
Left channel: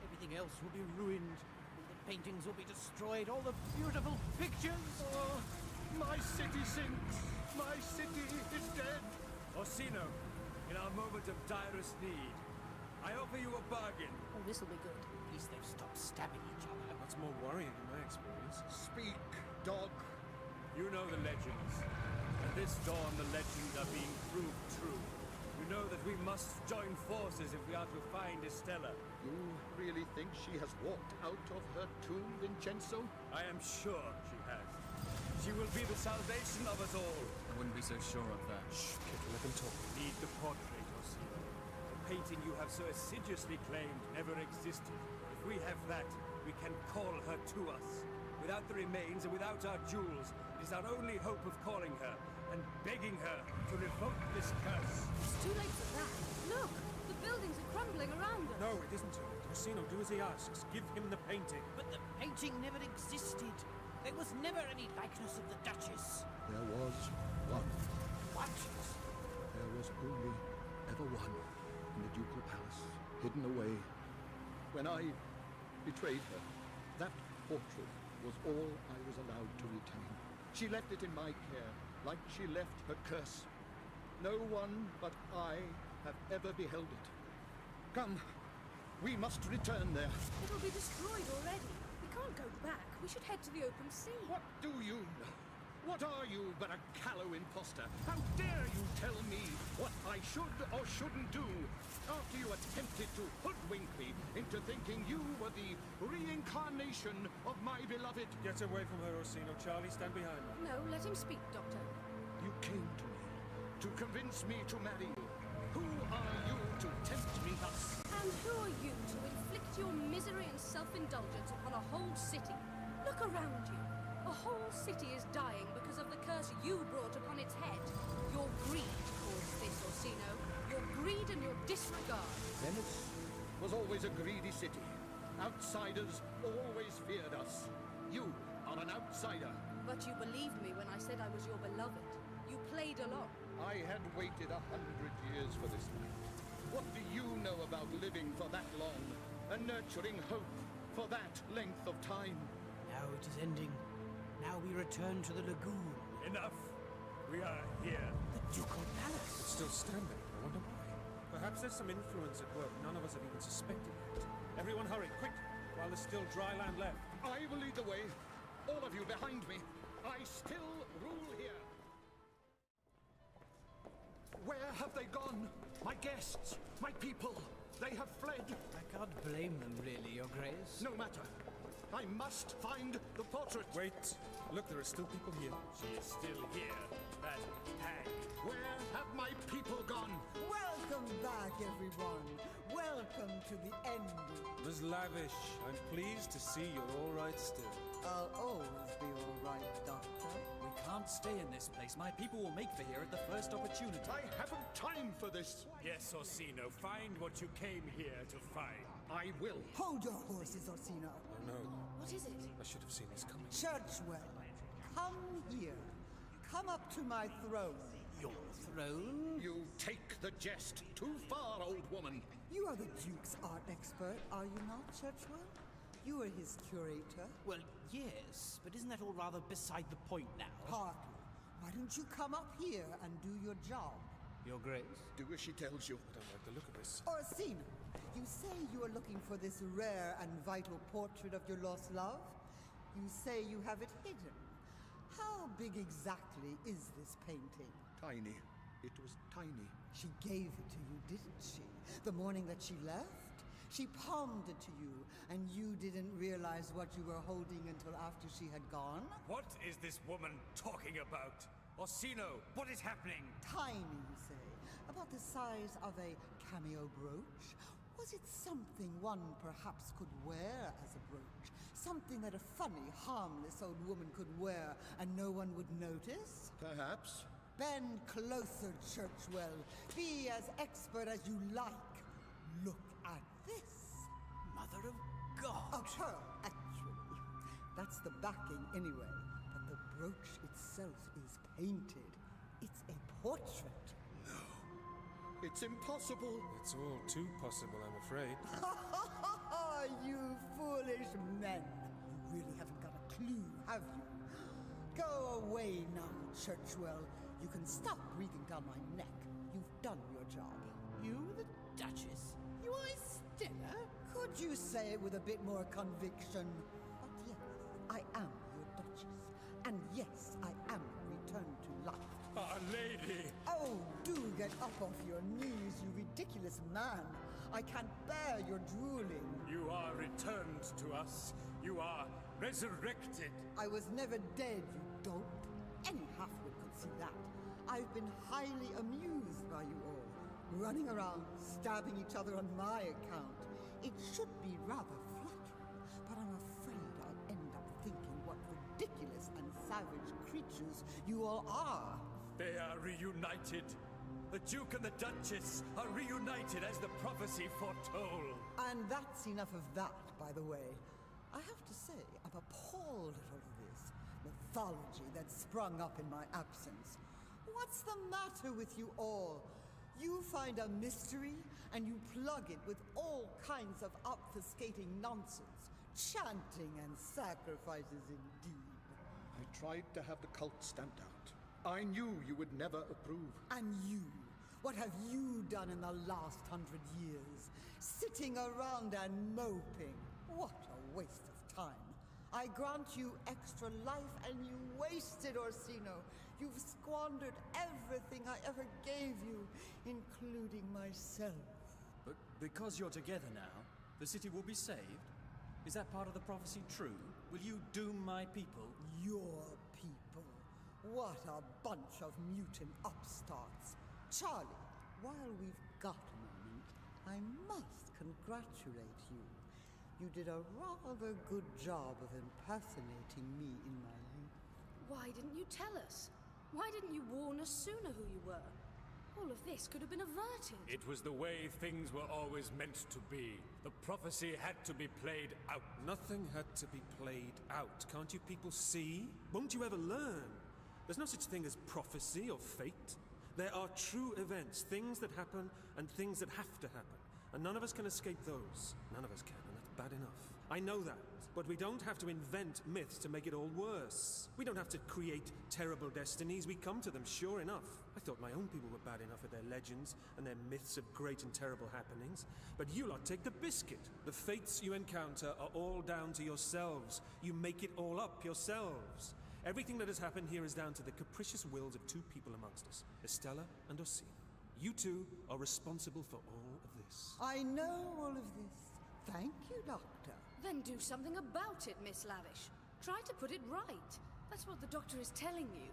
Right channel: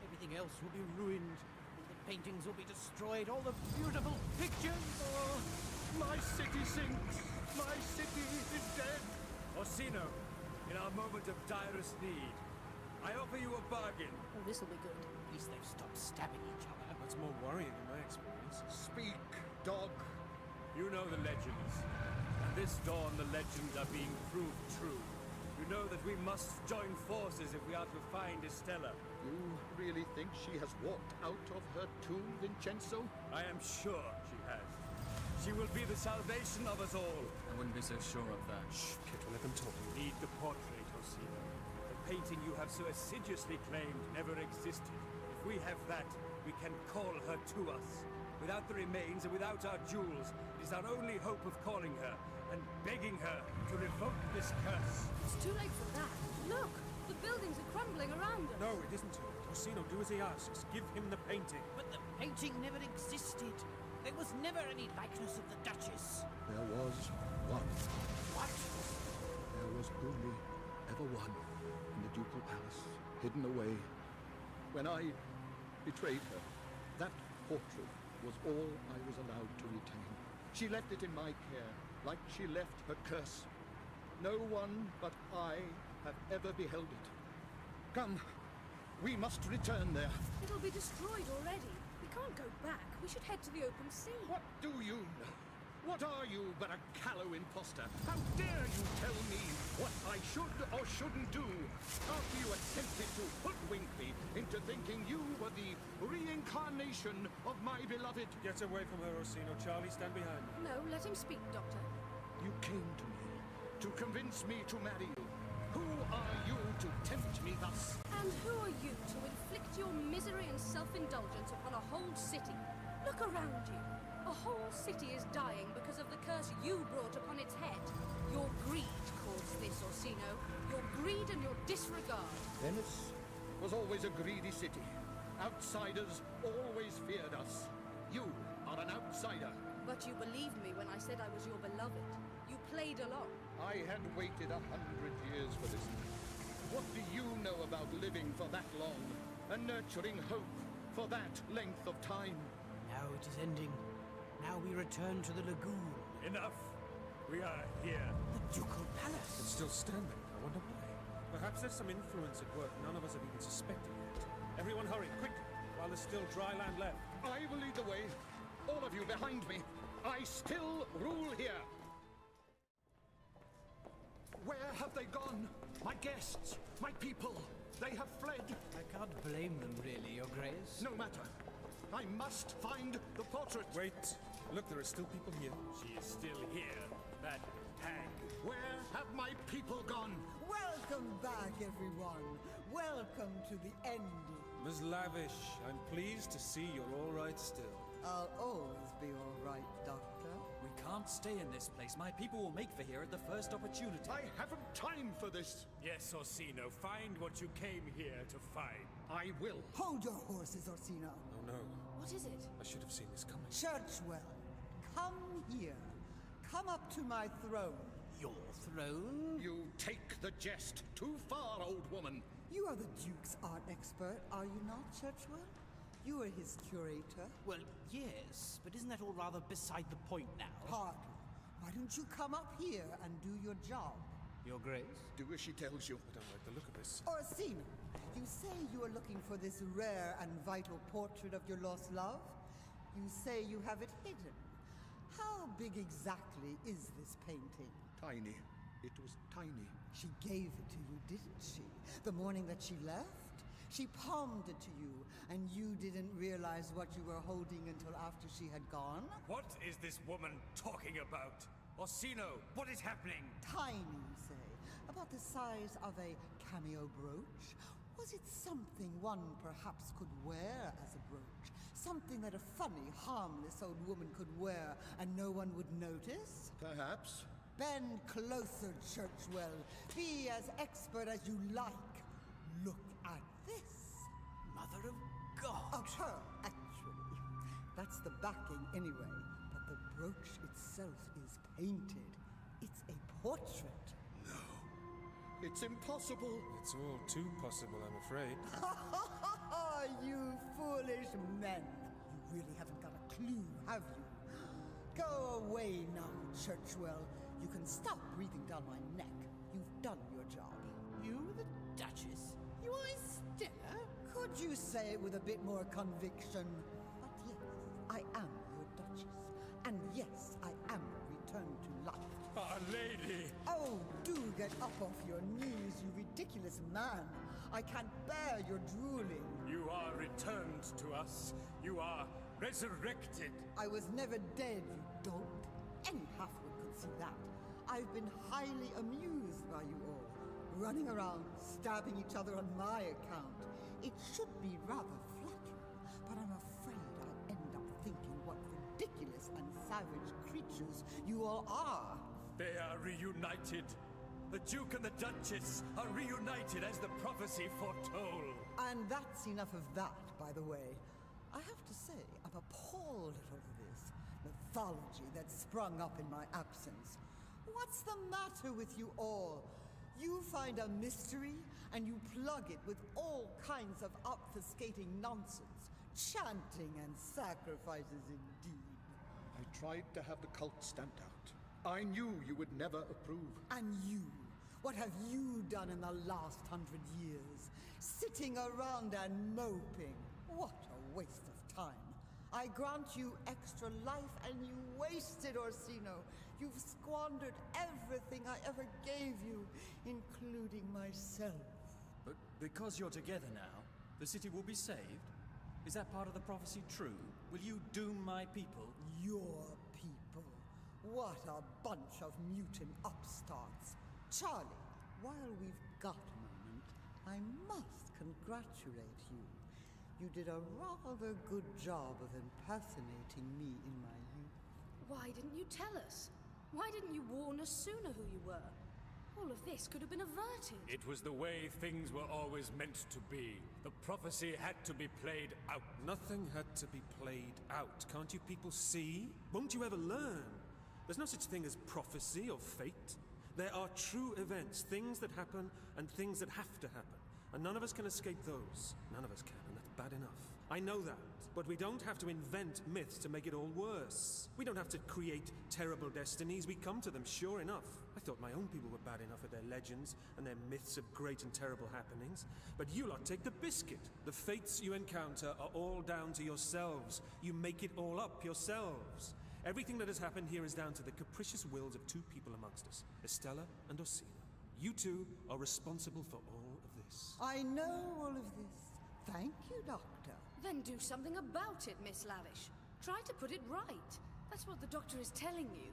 Everything else will be ruined. All the paintings will be destroyed. All the beautiful pictures. Oh, my city sinks. My city is dead. Orsino, in our moment of direst need, I offer you a bargain. Oh, this'll be good. At least they've stopped stabbing each other. What's more worrying in my experience? Speak, dog. You know the legends. And this dawn the legends are being proved true. You know that we must join forces if we are to find Estella. You really think she has walked out of her tomb, Vincenzo? I am sure she has. She will be the salvation of us all. I wouldn't be so sure of that. Shh, Pietro, let them talk. We need the portrait, Orsino. The painting you have so assiduously claimed never existed. If we have that, we can call her to us. Without the remains and without our jewels, it is our only hope of calling her and begging her to revoke this curse. It's too late for that. Look, the buildings are crumbling around us. No, it isn't too late. Orsino, do as he asks. Give him the painting. But the painting never existed. There was never any likeness of the Duchess. There was one. What? There was only ever one in the Ducal Palace, hidden away. When I betrayed her, that portrait was all I was allowed to retain. She left it in my care, like she left her curse. No one but I have ever beheld it. Come, we must return there. It'll be destroyed already. We can't go back. We should head to the open sea. What do you know? What are you but a callow imposter? How dare you tell me what I should or shouldn't do after you attempted to hoodwink me into thinking you were the reincarnation of my beloved? Get away from her, Orsino. Charlie, stand behind me. No, let him speak, Doctor. You came to me to convince me to marry you. Who are you to tempt me thus? And who are you to inflict your misery and self-indulgence upon a whole city? Look around you. A whole city is dying because of the curse you brought upon its head. Your greed caused this, Orsino. Your greed and your disregard. Venice was always a greedy city. Outsiders always feared us. You are an outsider. But you believed me when I said I was your beloved. You played along. I had waited 100 years for this night. What do you know about living for that long? And nurturing hope for that length of time? Now it is ending. Now we return to the lagoon. Enough! We are here. The Ducal Palace. It's still standing. I wonder why. Perhaps there's some influence at work none of us have even suspected yet. Everyone hurry, quick, while there's still dry land left. I will lead the way. All of you behind me. I still rule here. Where have they gone? My guests, my people. They have fled. I can't blame them, really, Your Grace. No matter. I must find the portrait. Wait. Look, there are still people here. She is still here. That hag. Where have my people gone? Welcome back, everyone. Welcome to the ending. Ms. Lavish, I'm pleased to see you're all right still. I'll always be all right, Doctor. We can't stay in this place. My people will make for here at the first opportunity. I haven't time for this. Yes, Orsino, find what you came here to find. I will. Hold your horses, Orsino. Oh no. What is it? I should have seen this coming. Churchwell, come here. Come up to my throne. Your throne? You take the jest too far, old woman. You are the Duke's art expert, are you not, Churchwell? You are his curator. Well, yes, but isn't that all rather beside the point now? Hardly. Why don't you come up here and do your job? Your Grace? Do as she tells you. I don't like the look of this. Orsino, you say you are looking for this rare and vital portrait of your lost love? You say you have it hidden. How big exactly is this painting? Tiny. It was tiny. She gave it to you, didn't she? The morning that she left? She palmed it to you, and you didn't realize what you were holding until after she had gone? What is this woman talking about? Orsino, what is happening? Tiny, you say? About the size of a cameo brooch? Was it something one perhaps could wear as a brooch? Something that a funny, harmless old woman could wear and no one would notice? Perhaps. Bend closer, Churchwell. Be as expert as you like. Look at this. Mother of God. Of her, actually. That's the backing anyway. But the brooch itself is painted. It's a portrait. No. It's impossible. It's all too possible, I'm afraid. You foolish men. You really haven't got a clue, have you? Go away now, Churchwell. You can stop breathing down my neck. You've done your job. You, the Duchess? You are Stella? Could you say it with a bit more conviction? But yes, I am your Duchess. And yes, I am returned to life. Our lady! Oh, do get up off your knees, you ridiculous man. I can't bear your drooling. You are returned to us. You are resurrected. I was never dead, you dolt. Any halfwit could see that. I've been highly amused by you all. Running around, stabbing each other on my account. It should be rather flattering, but I'm afraid I'll end up thinking what ridiculous and savage creatures you all are. They are reunited. The Duke and the Duchess are reunited as the prophecy foretold. And that's enough of that, by the way. I have to say, I'm appalled at all of this mythology that sprung up in my absence. What's the matter with you all? You find a mystery, and you plug it with all kinds of obfuscating nonsense. Chanting and sacrifices indeed. I tried to have the cult stamped out. I knew you would never approve. And you? What have you done in the last 100 years? Sitting around and moping. What a waste of time. I grant you extra life and you wasted, Orsino. You've squandered everything I ever gave you, including myself. But because you're together now, the city will be saved? Is that part of the prophecy true? Will you doom my people? Your people? What a bunch of mutant upstarts. Charlie, while we've got a moment, I must congratulate you. You did a rather good job of impersonating me in my youth. Why didn't you tell us? Why didn't you warn us sooner who you were? All of this could have been averted. It was the way things were always meant to be. The prophecy had to be played out. Nothing had to be played out. Can't you people see? Won't you ever learn? There's no such thing as prophecy or fate. There are true events, things that happen and things that have to happen. And none of us can escape those. None of us can, and that's bad enough. I know that. But we don't have to invent myths to make it all worse. We don't have to create terrible destinies. We come to them, sure enough. I thought my own people were bad enough with their legends and their myths of great and terrible happenings. But you lot take the biscuit. The fates you encounter are all down to yourselves. You make it all up yourselves. Everything that has happened here is down to the capricious wills of two people amongst us, Estella and Orsino. You two are responsible for all of this. I know all of this. Thank you, Doctor. Then do something about it, Miss Lavish. Try to put it right. That's what the doctor is telling you.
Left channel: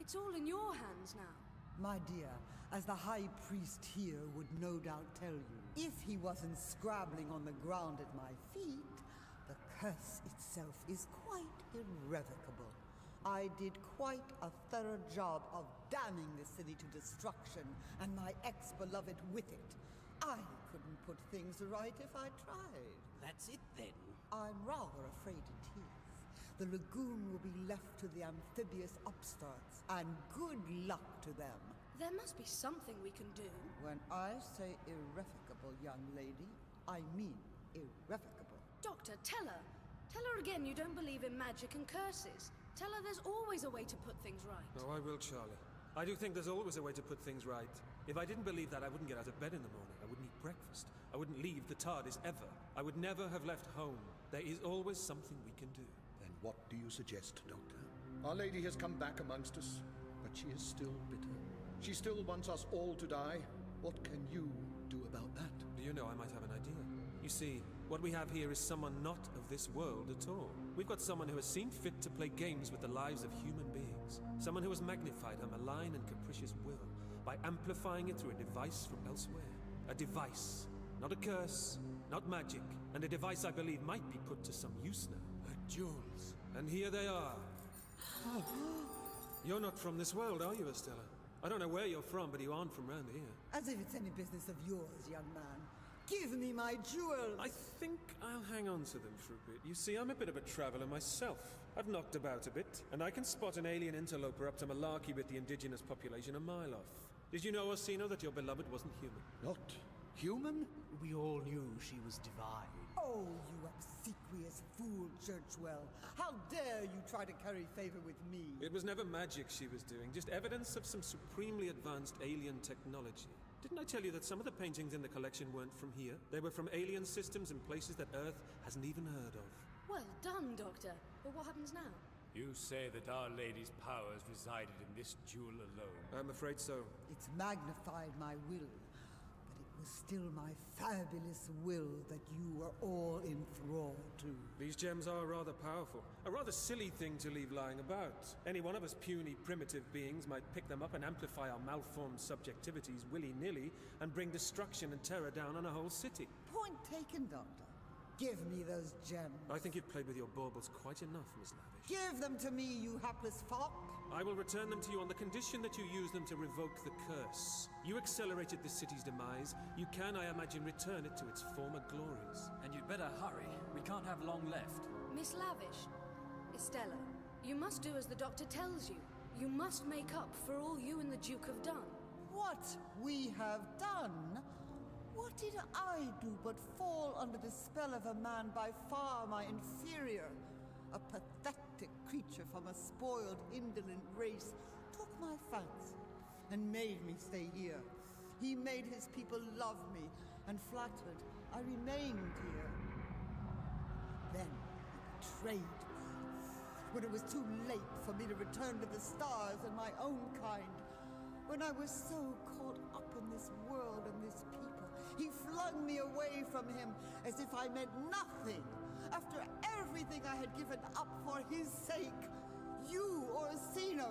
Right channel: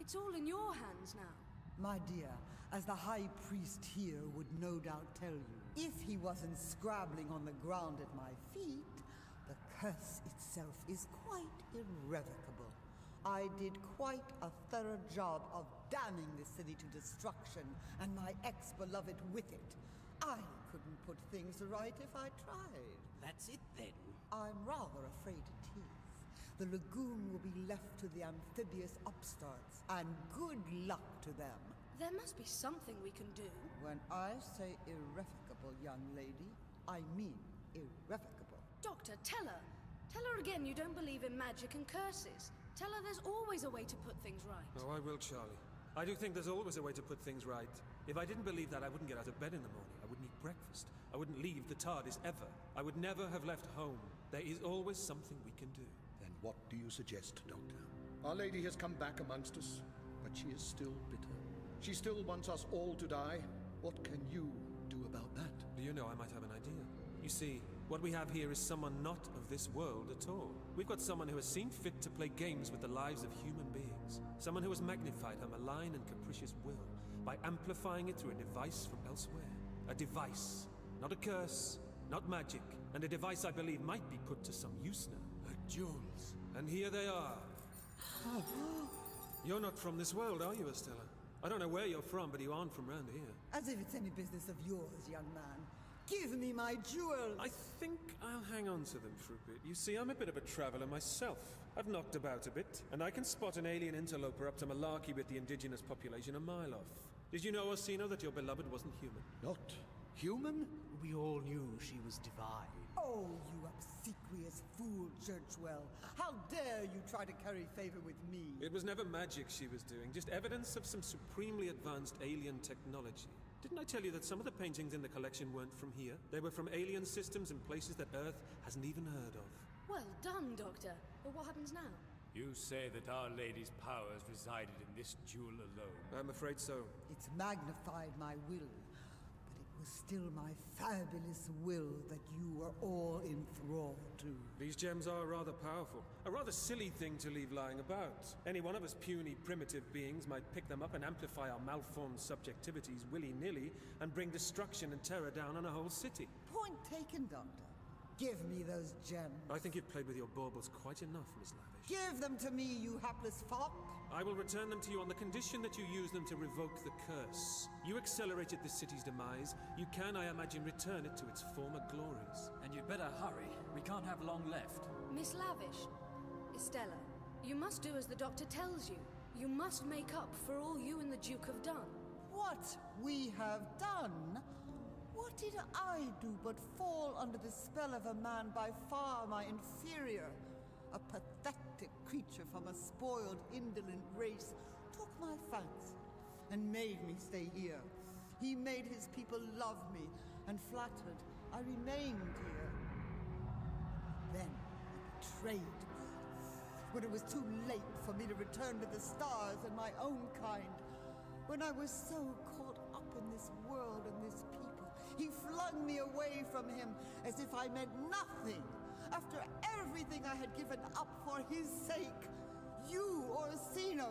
It's all in your hands now. My dear, as the High Priest here would no doubt tell you, if he wasn't scrabbling on the ground at my feet, the curse itself is quite irrevocable. I did quite a thorough job of damning the city to destruction, and my ex-beloved with it. I couldn't put things right if I tried. That's it, then. I'm rather afraid it is. The lagoon will be left to the amphibious upstarts, and good luck to them. There must be something we can do. When I say irrevocable, young lady, I mean irrevocable. Doctor, tell her. Tell her again you don't believe in magic and curses. Tell her there's always a way to put things right. Oh, I will, Charlie. I do think there's always a way to put things right. If I didn't believe that, I wouldn't get out of bed in the morning. I wouldn't eat breakfast. I wouldn't leave the TARDIS ever. I would never have left home. There is always something we can do. Then what do you suggest, Doctor? Our Lady has come back amongst us, but she is still bitter. She still wants us all to die. What can you do about that? Do you know, I might have an idea. You see, what we have here is someone not of this world at all. We've got someone who has seen fit to play games with the lives of human beings. Someone who has magnified her malign and capricious will by amplifying it through a device from elsewhere. A device, not a curse, not magic, and a device I believe might be put to some use now. Her jewels. And here they are. You're not from this world, are you, Estella? I don't know where you're from, but you aren't from round here. As if it's any business of yours, young man. Give me my jewels! I think I'll hang on to them for a bit. You see, I'm a bit of a traveler myself. I've knocked about a bit, and I can spot an alien interloper up to malarkey with the indigenous population a mile off. Did you know, Orsino, that your beloved wasn't human? Not human? We all knew she was divine. Oh, you obsequious fool, Churchwell. How dare you try to curry favor with me? It was never magic she was doing, just evidence of some supremely advanced alien technology. Didn't I tell you that some of the paintings in the collection weren't from here? They were from alien systems in places that Earth hasn't even heard of. Well done, Doctor. But what happens now? You say that Our Lady's powers resided in this jewel alone. I'm afraid so. It's magnified my will, but it was still my fabulous will that you were all in thrall to. These gems are rather powerful. A rather silly thing to leave lying about. Any one of us puny, primitive beings might pick them up and amplify our malformed subjectivities willy-nilly and bring destruction and terror down on a whole city. Point taken, Doctor. Give me those gems. I think you've played with your baubles quite enough, Miss Lavish. Give them to me, you hapless fop. I will return them to you on the condition that you use them to revoke the curse. You accelerated this city's demise. You can, I imagine, return it to its former glories. And you'd better hurry. We can't have long left. Miss Lavish, Estella, you must do as the doctor tells you. You must make up for all you and the Duke have done. What we have done? What did I do but fall under the spell of a man by far my inferior? A pathetic creature from a spoiled, indolent race took my fancy and made me stay here. He made his people love me, and flattered, I remained here. Then he betrayed me. When it was too late for me to return to the stars and my own kind, when I was so caught up in this world and this people, he flung me away from him as if I meant nothing. After everything I had given up for his sake, you, Orsino,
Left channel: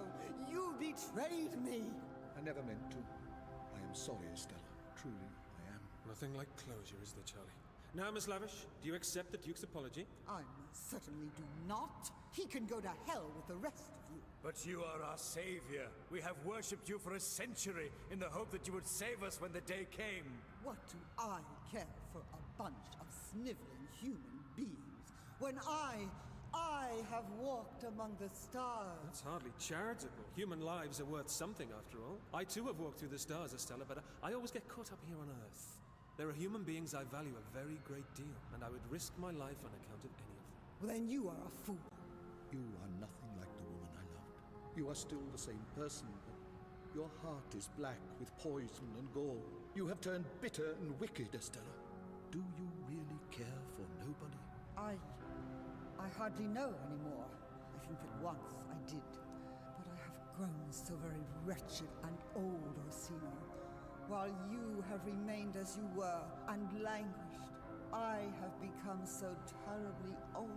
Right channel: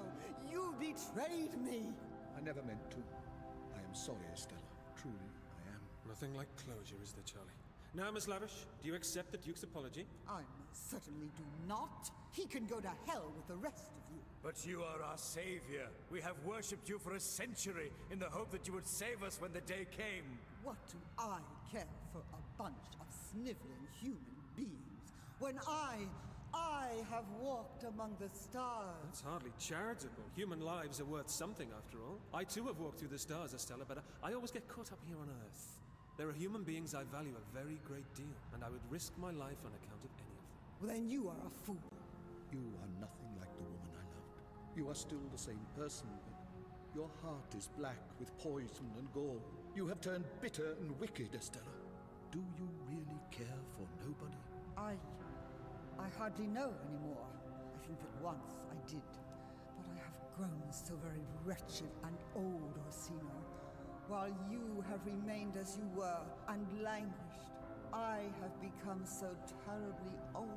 you betrayed me. I never meant to. I am sorry, Estella. Truly, I am. Nothing like closure, is there, Charlie? Now, Miss Lavish, do you accept the Duke's apology? I most certainly do not. He can go to hell with the rest of you. But you are our savior. We have worshipped you for a century in the hope that you would save us when the day came. What do I care for a bunch of sniveling human beings when I have walked among the stars? That's hardly charitable. Human lives are worth something, after all. I too have walked through the stars, Estella, but I always get caught up here on Earth. There are human beings I value a very great deal, and I would risk my life on account of any of them. Well, then you are a fool. You are nothing like the woman I loved. You are still the same person, but your heart is black with poison and gall. You have turned bitter and wicked, Estella. Do you really care for nobody? I hardly know anymore. I think that once I did. But I have grown so very wretched and old, Orsino. While you have remained as you were and languished, I have become so terribly old.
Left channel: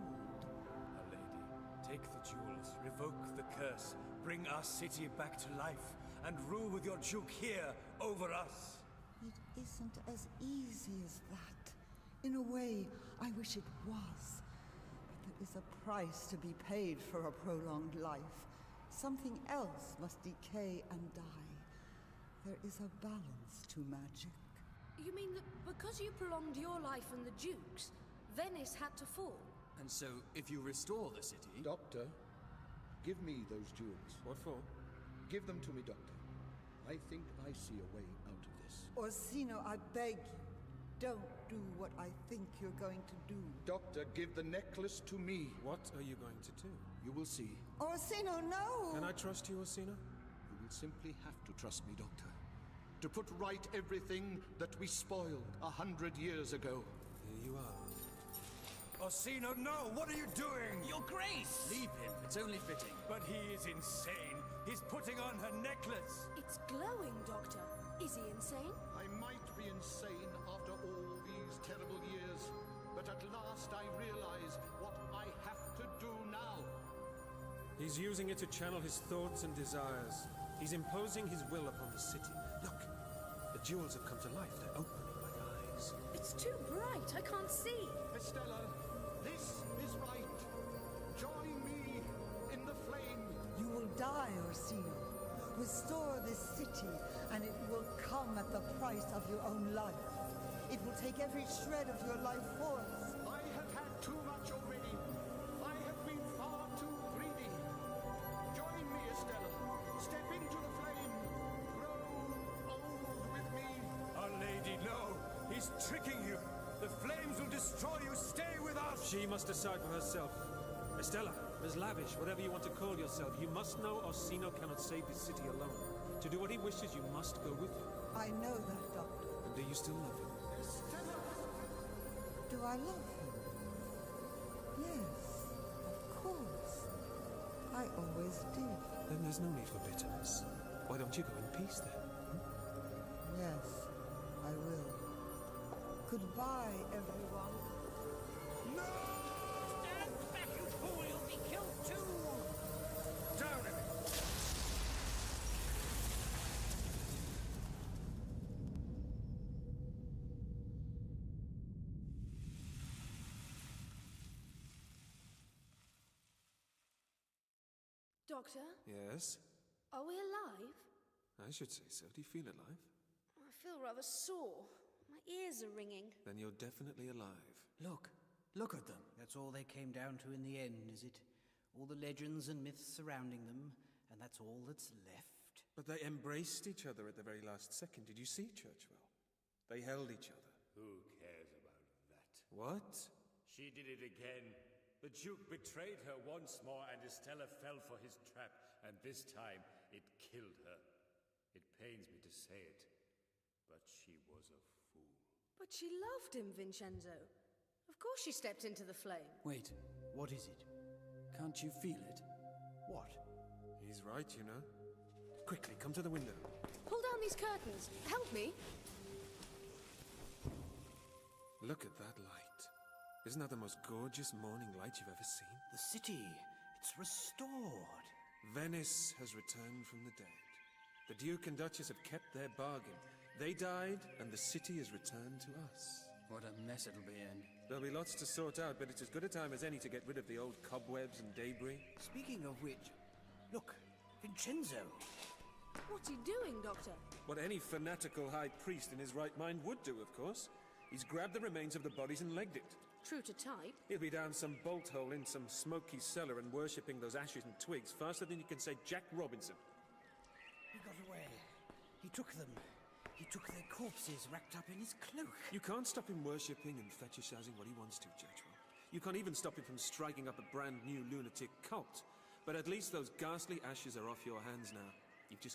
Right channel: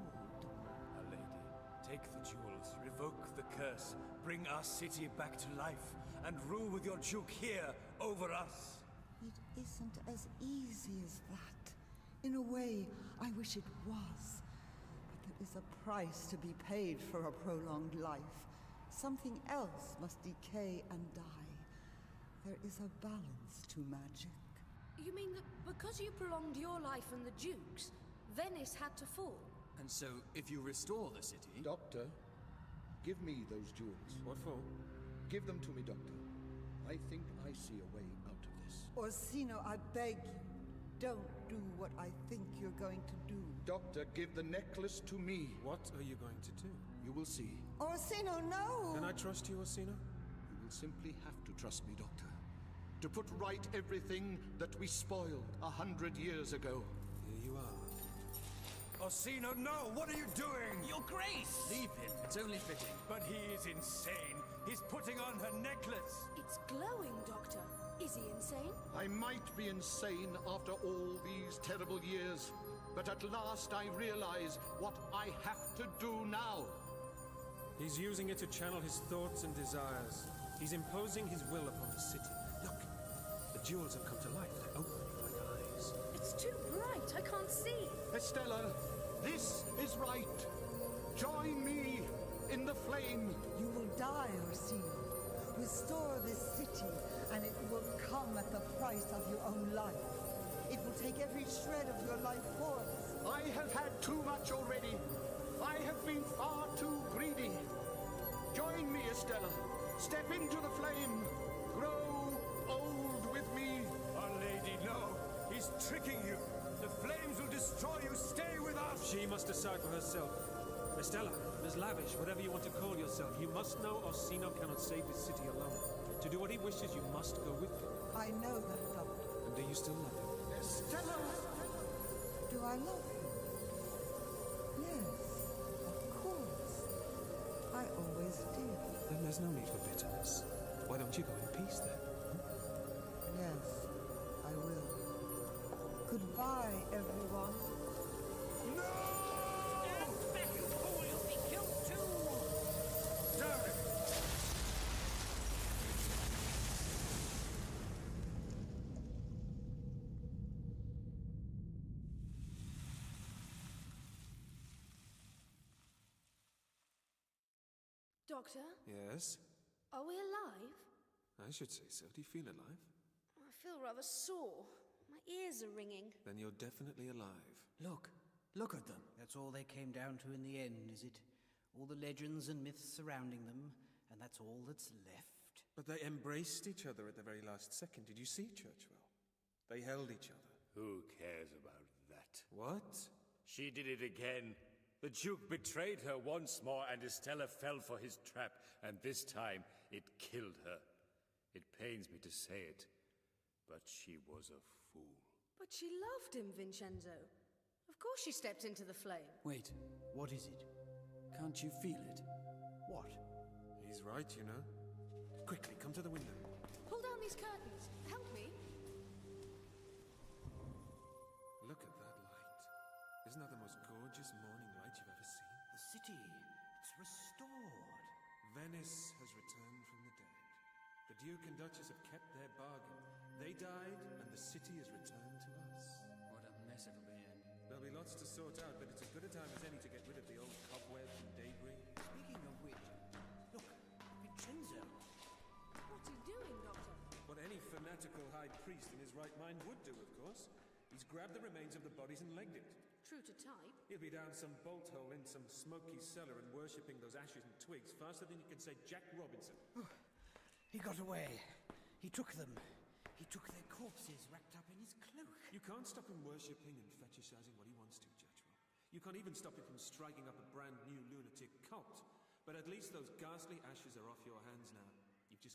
Our Lady, take the jewels, revoke the curse, bring our city back to life, and rule with your Duke here over us. It isn't as easy as that. In a way, I wish it was. But there is a price to be paid for a prolonged life. Something else must decay and die. There is a balance to magic. You mean that because you prolonged your life and the Duke's, Venice had to fall? And so, if you restore the city... Doctor, give me those jewels. What for? Give them to me, Doctor. I think I see a way out of this. Orsino, I beg you, don't do what I think you're going to do. Doctor, give the necklace to me. What are you going to do? You will see. Orsino, no! Can I trust you, Orsino? You will simply have to trust me, Doctor. To put right everything that we spoiled 100 years ago. Here you are. Orsino, no! What are you doing? Your Grace! Leave him. It's only fitting. But he is insane. He's putting on her necklace. It's glowing, Doctor. Is he insane? I might be insane after all these terrible years, but at last I realize what I have to do now. He's using it to channel his thoughts and desires. He's imposing his will upon the city. Look, the jewels have come to life. They're opening like eyes. It's too bright. I can't see. Estella, this is right. Join me in the flame. You will die, Orsino. Restore this city, and it will come at the price of your own life. It will take every shred of your life force. I have had too much already. I have been far too greedy. Join me, Estella. Step into the flame. Grow old with me. Our Lady, no! He's tricking you! The flames will destroy you! Stay with us! She must decide for herself. Estella, Ms. Lavish, whatever you want to call yourself, you must know Orsino cannot save this city alone. To do what he wishes, you must go with him. I know that, Doctor. And do you still love him? Estella! Do I love him? Yes, of course. I always did. Then there's no need for bitterness. Why don't you go in peace then? Yes, I will. Goodbye, everyone. No! Stand back, you fool! You'll be killed too! Down with it! Doctor, Yes? are we alive? I should say so. Do you feel alive? I feel rather sore. My ears are ringing. Then you're definitely alive. Look at them. That's all they came down to in the end, is it? All the legends and myths surrounding them, and that's all that's left? But they embraced each other at the very last second. Did you see, Churchwell? They held each other. Who cares about that? What? She did it again. The Duke betrayed her once more, and Estella fell for his trap, and this time it killed her. It pains me to say it, but she was a fool. But she loved him, Vincenzo. Of course she stepped into the flame. Wait, What is it? can't you feel it? What? He's right, you know. Quickly, come to the window. Pull down these curtains. Help me. Look at that light. Isn't that the most gorgeous morning light you've ever seen? The city. It's restored. Venice has returned from the dead. The Duke and Duchess have kept their bargain. They died, and the city has returned to us. What a mess it'll be in. There'll be lots to sort out, but it's as good a time as any to get rid of the old cobwebs and debris. Speaking of which, look, Vincenzo. What's he doing, Doctor? What any fanatical high priest in his right mind would do, of course. He's grabbed the remains of the bodies and legged it. True to type. He'll be down some bolt hole in some smoky cellar and worshipping those ashes and twigs faster than you can say Jack Robinson. He got away. He took them. He took their corpses wrapped up in his cloak. You can't stop him worshipping and fetishizing what he wants to, Judgewell. You can't even stop him from striking up a brand new lunatic cult. But at least those ghastly ashes are off your hands now. You've just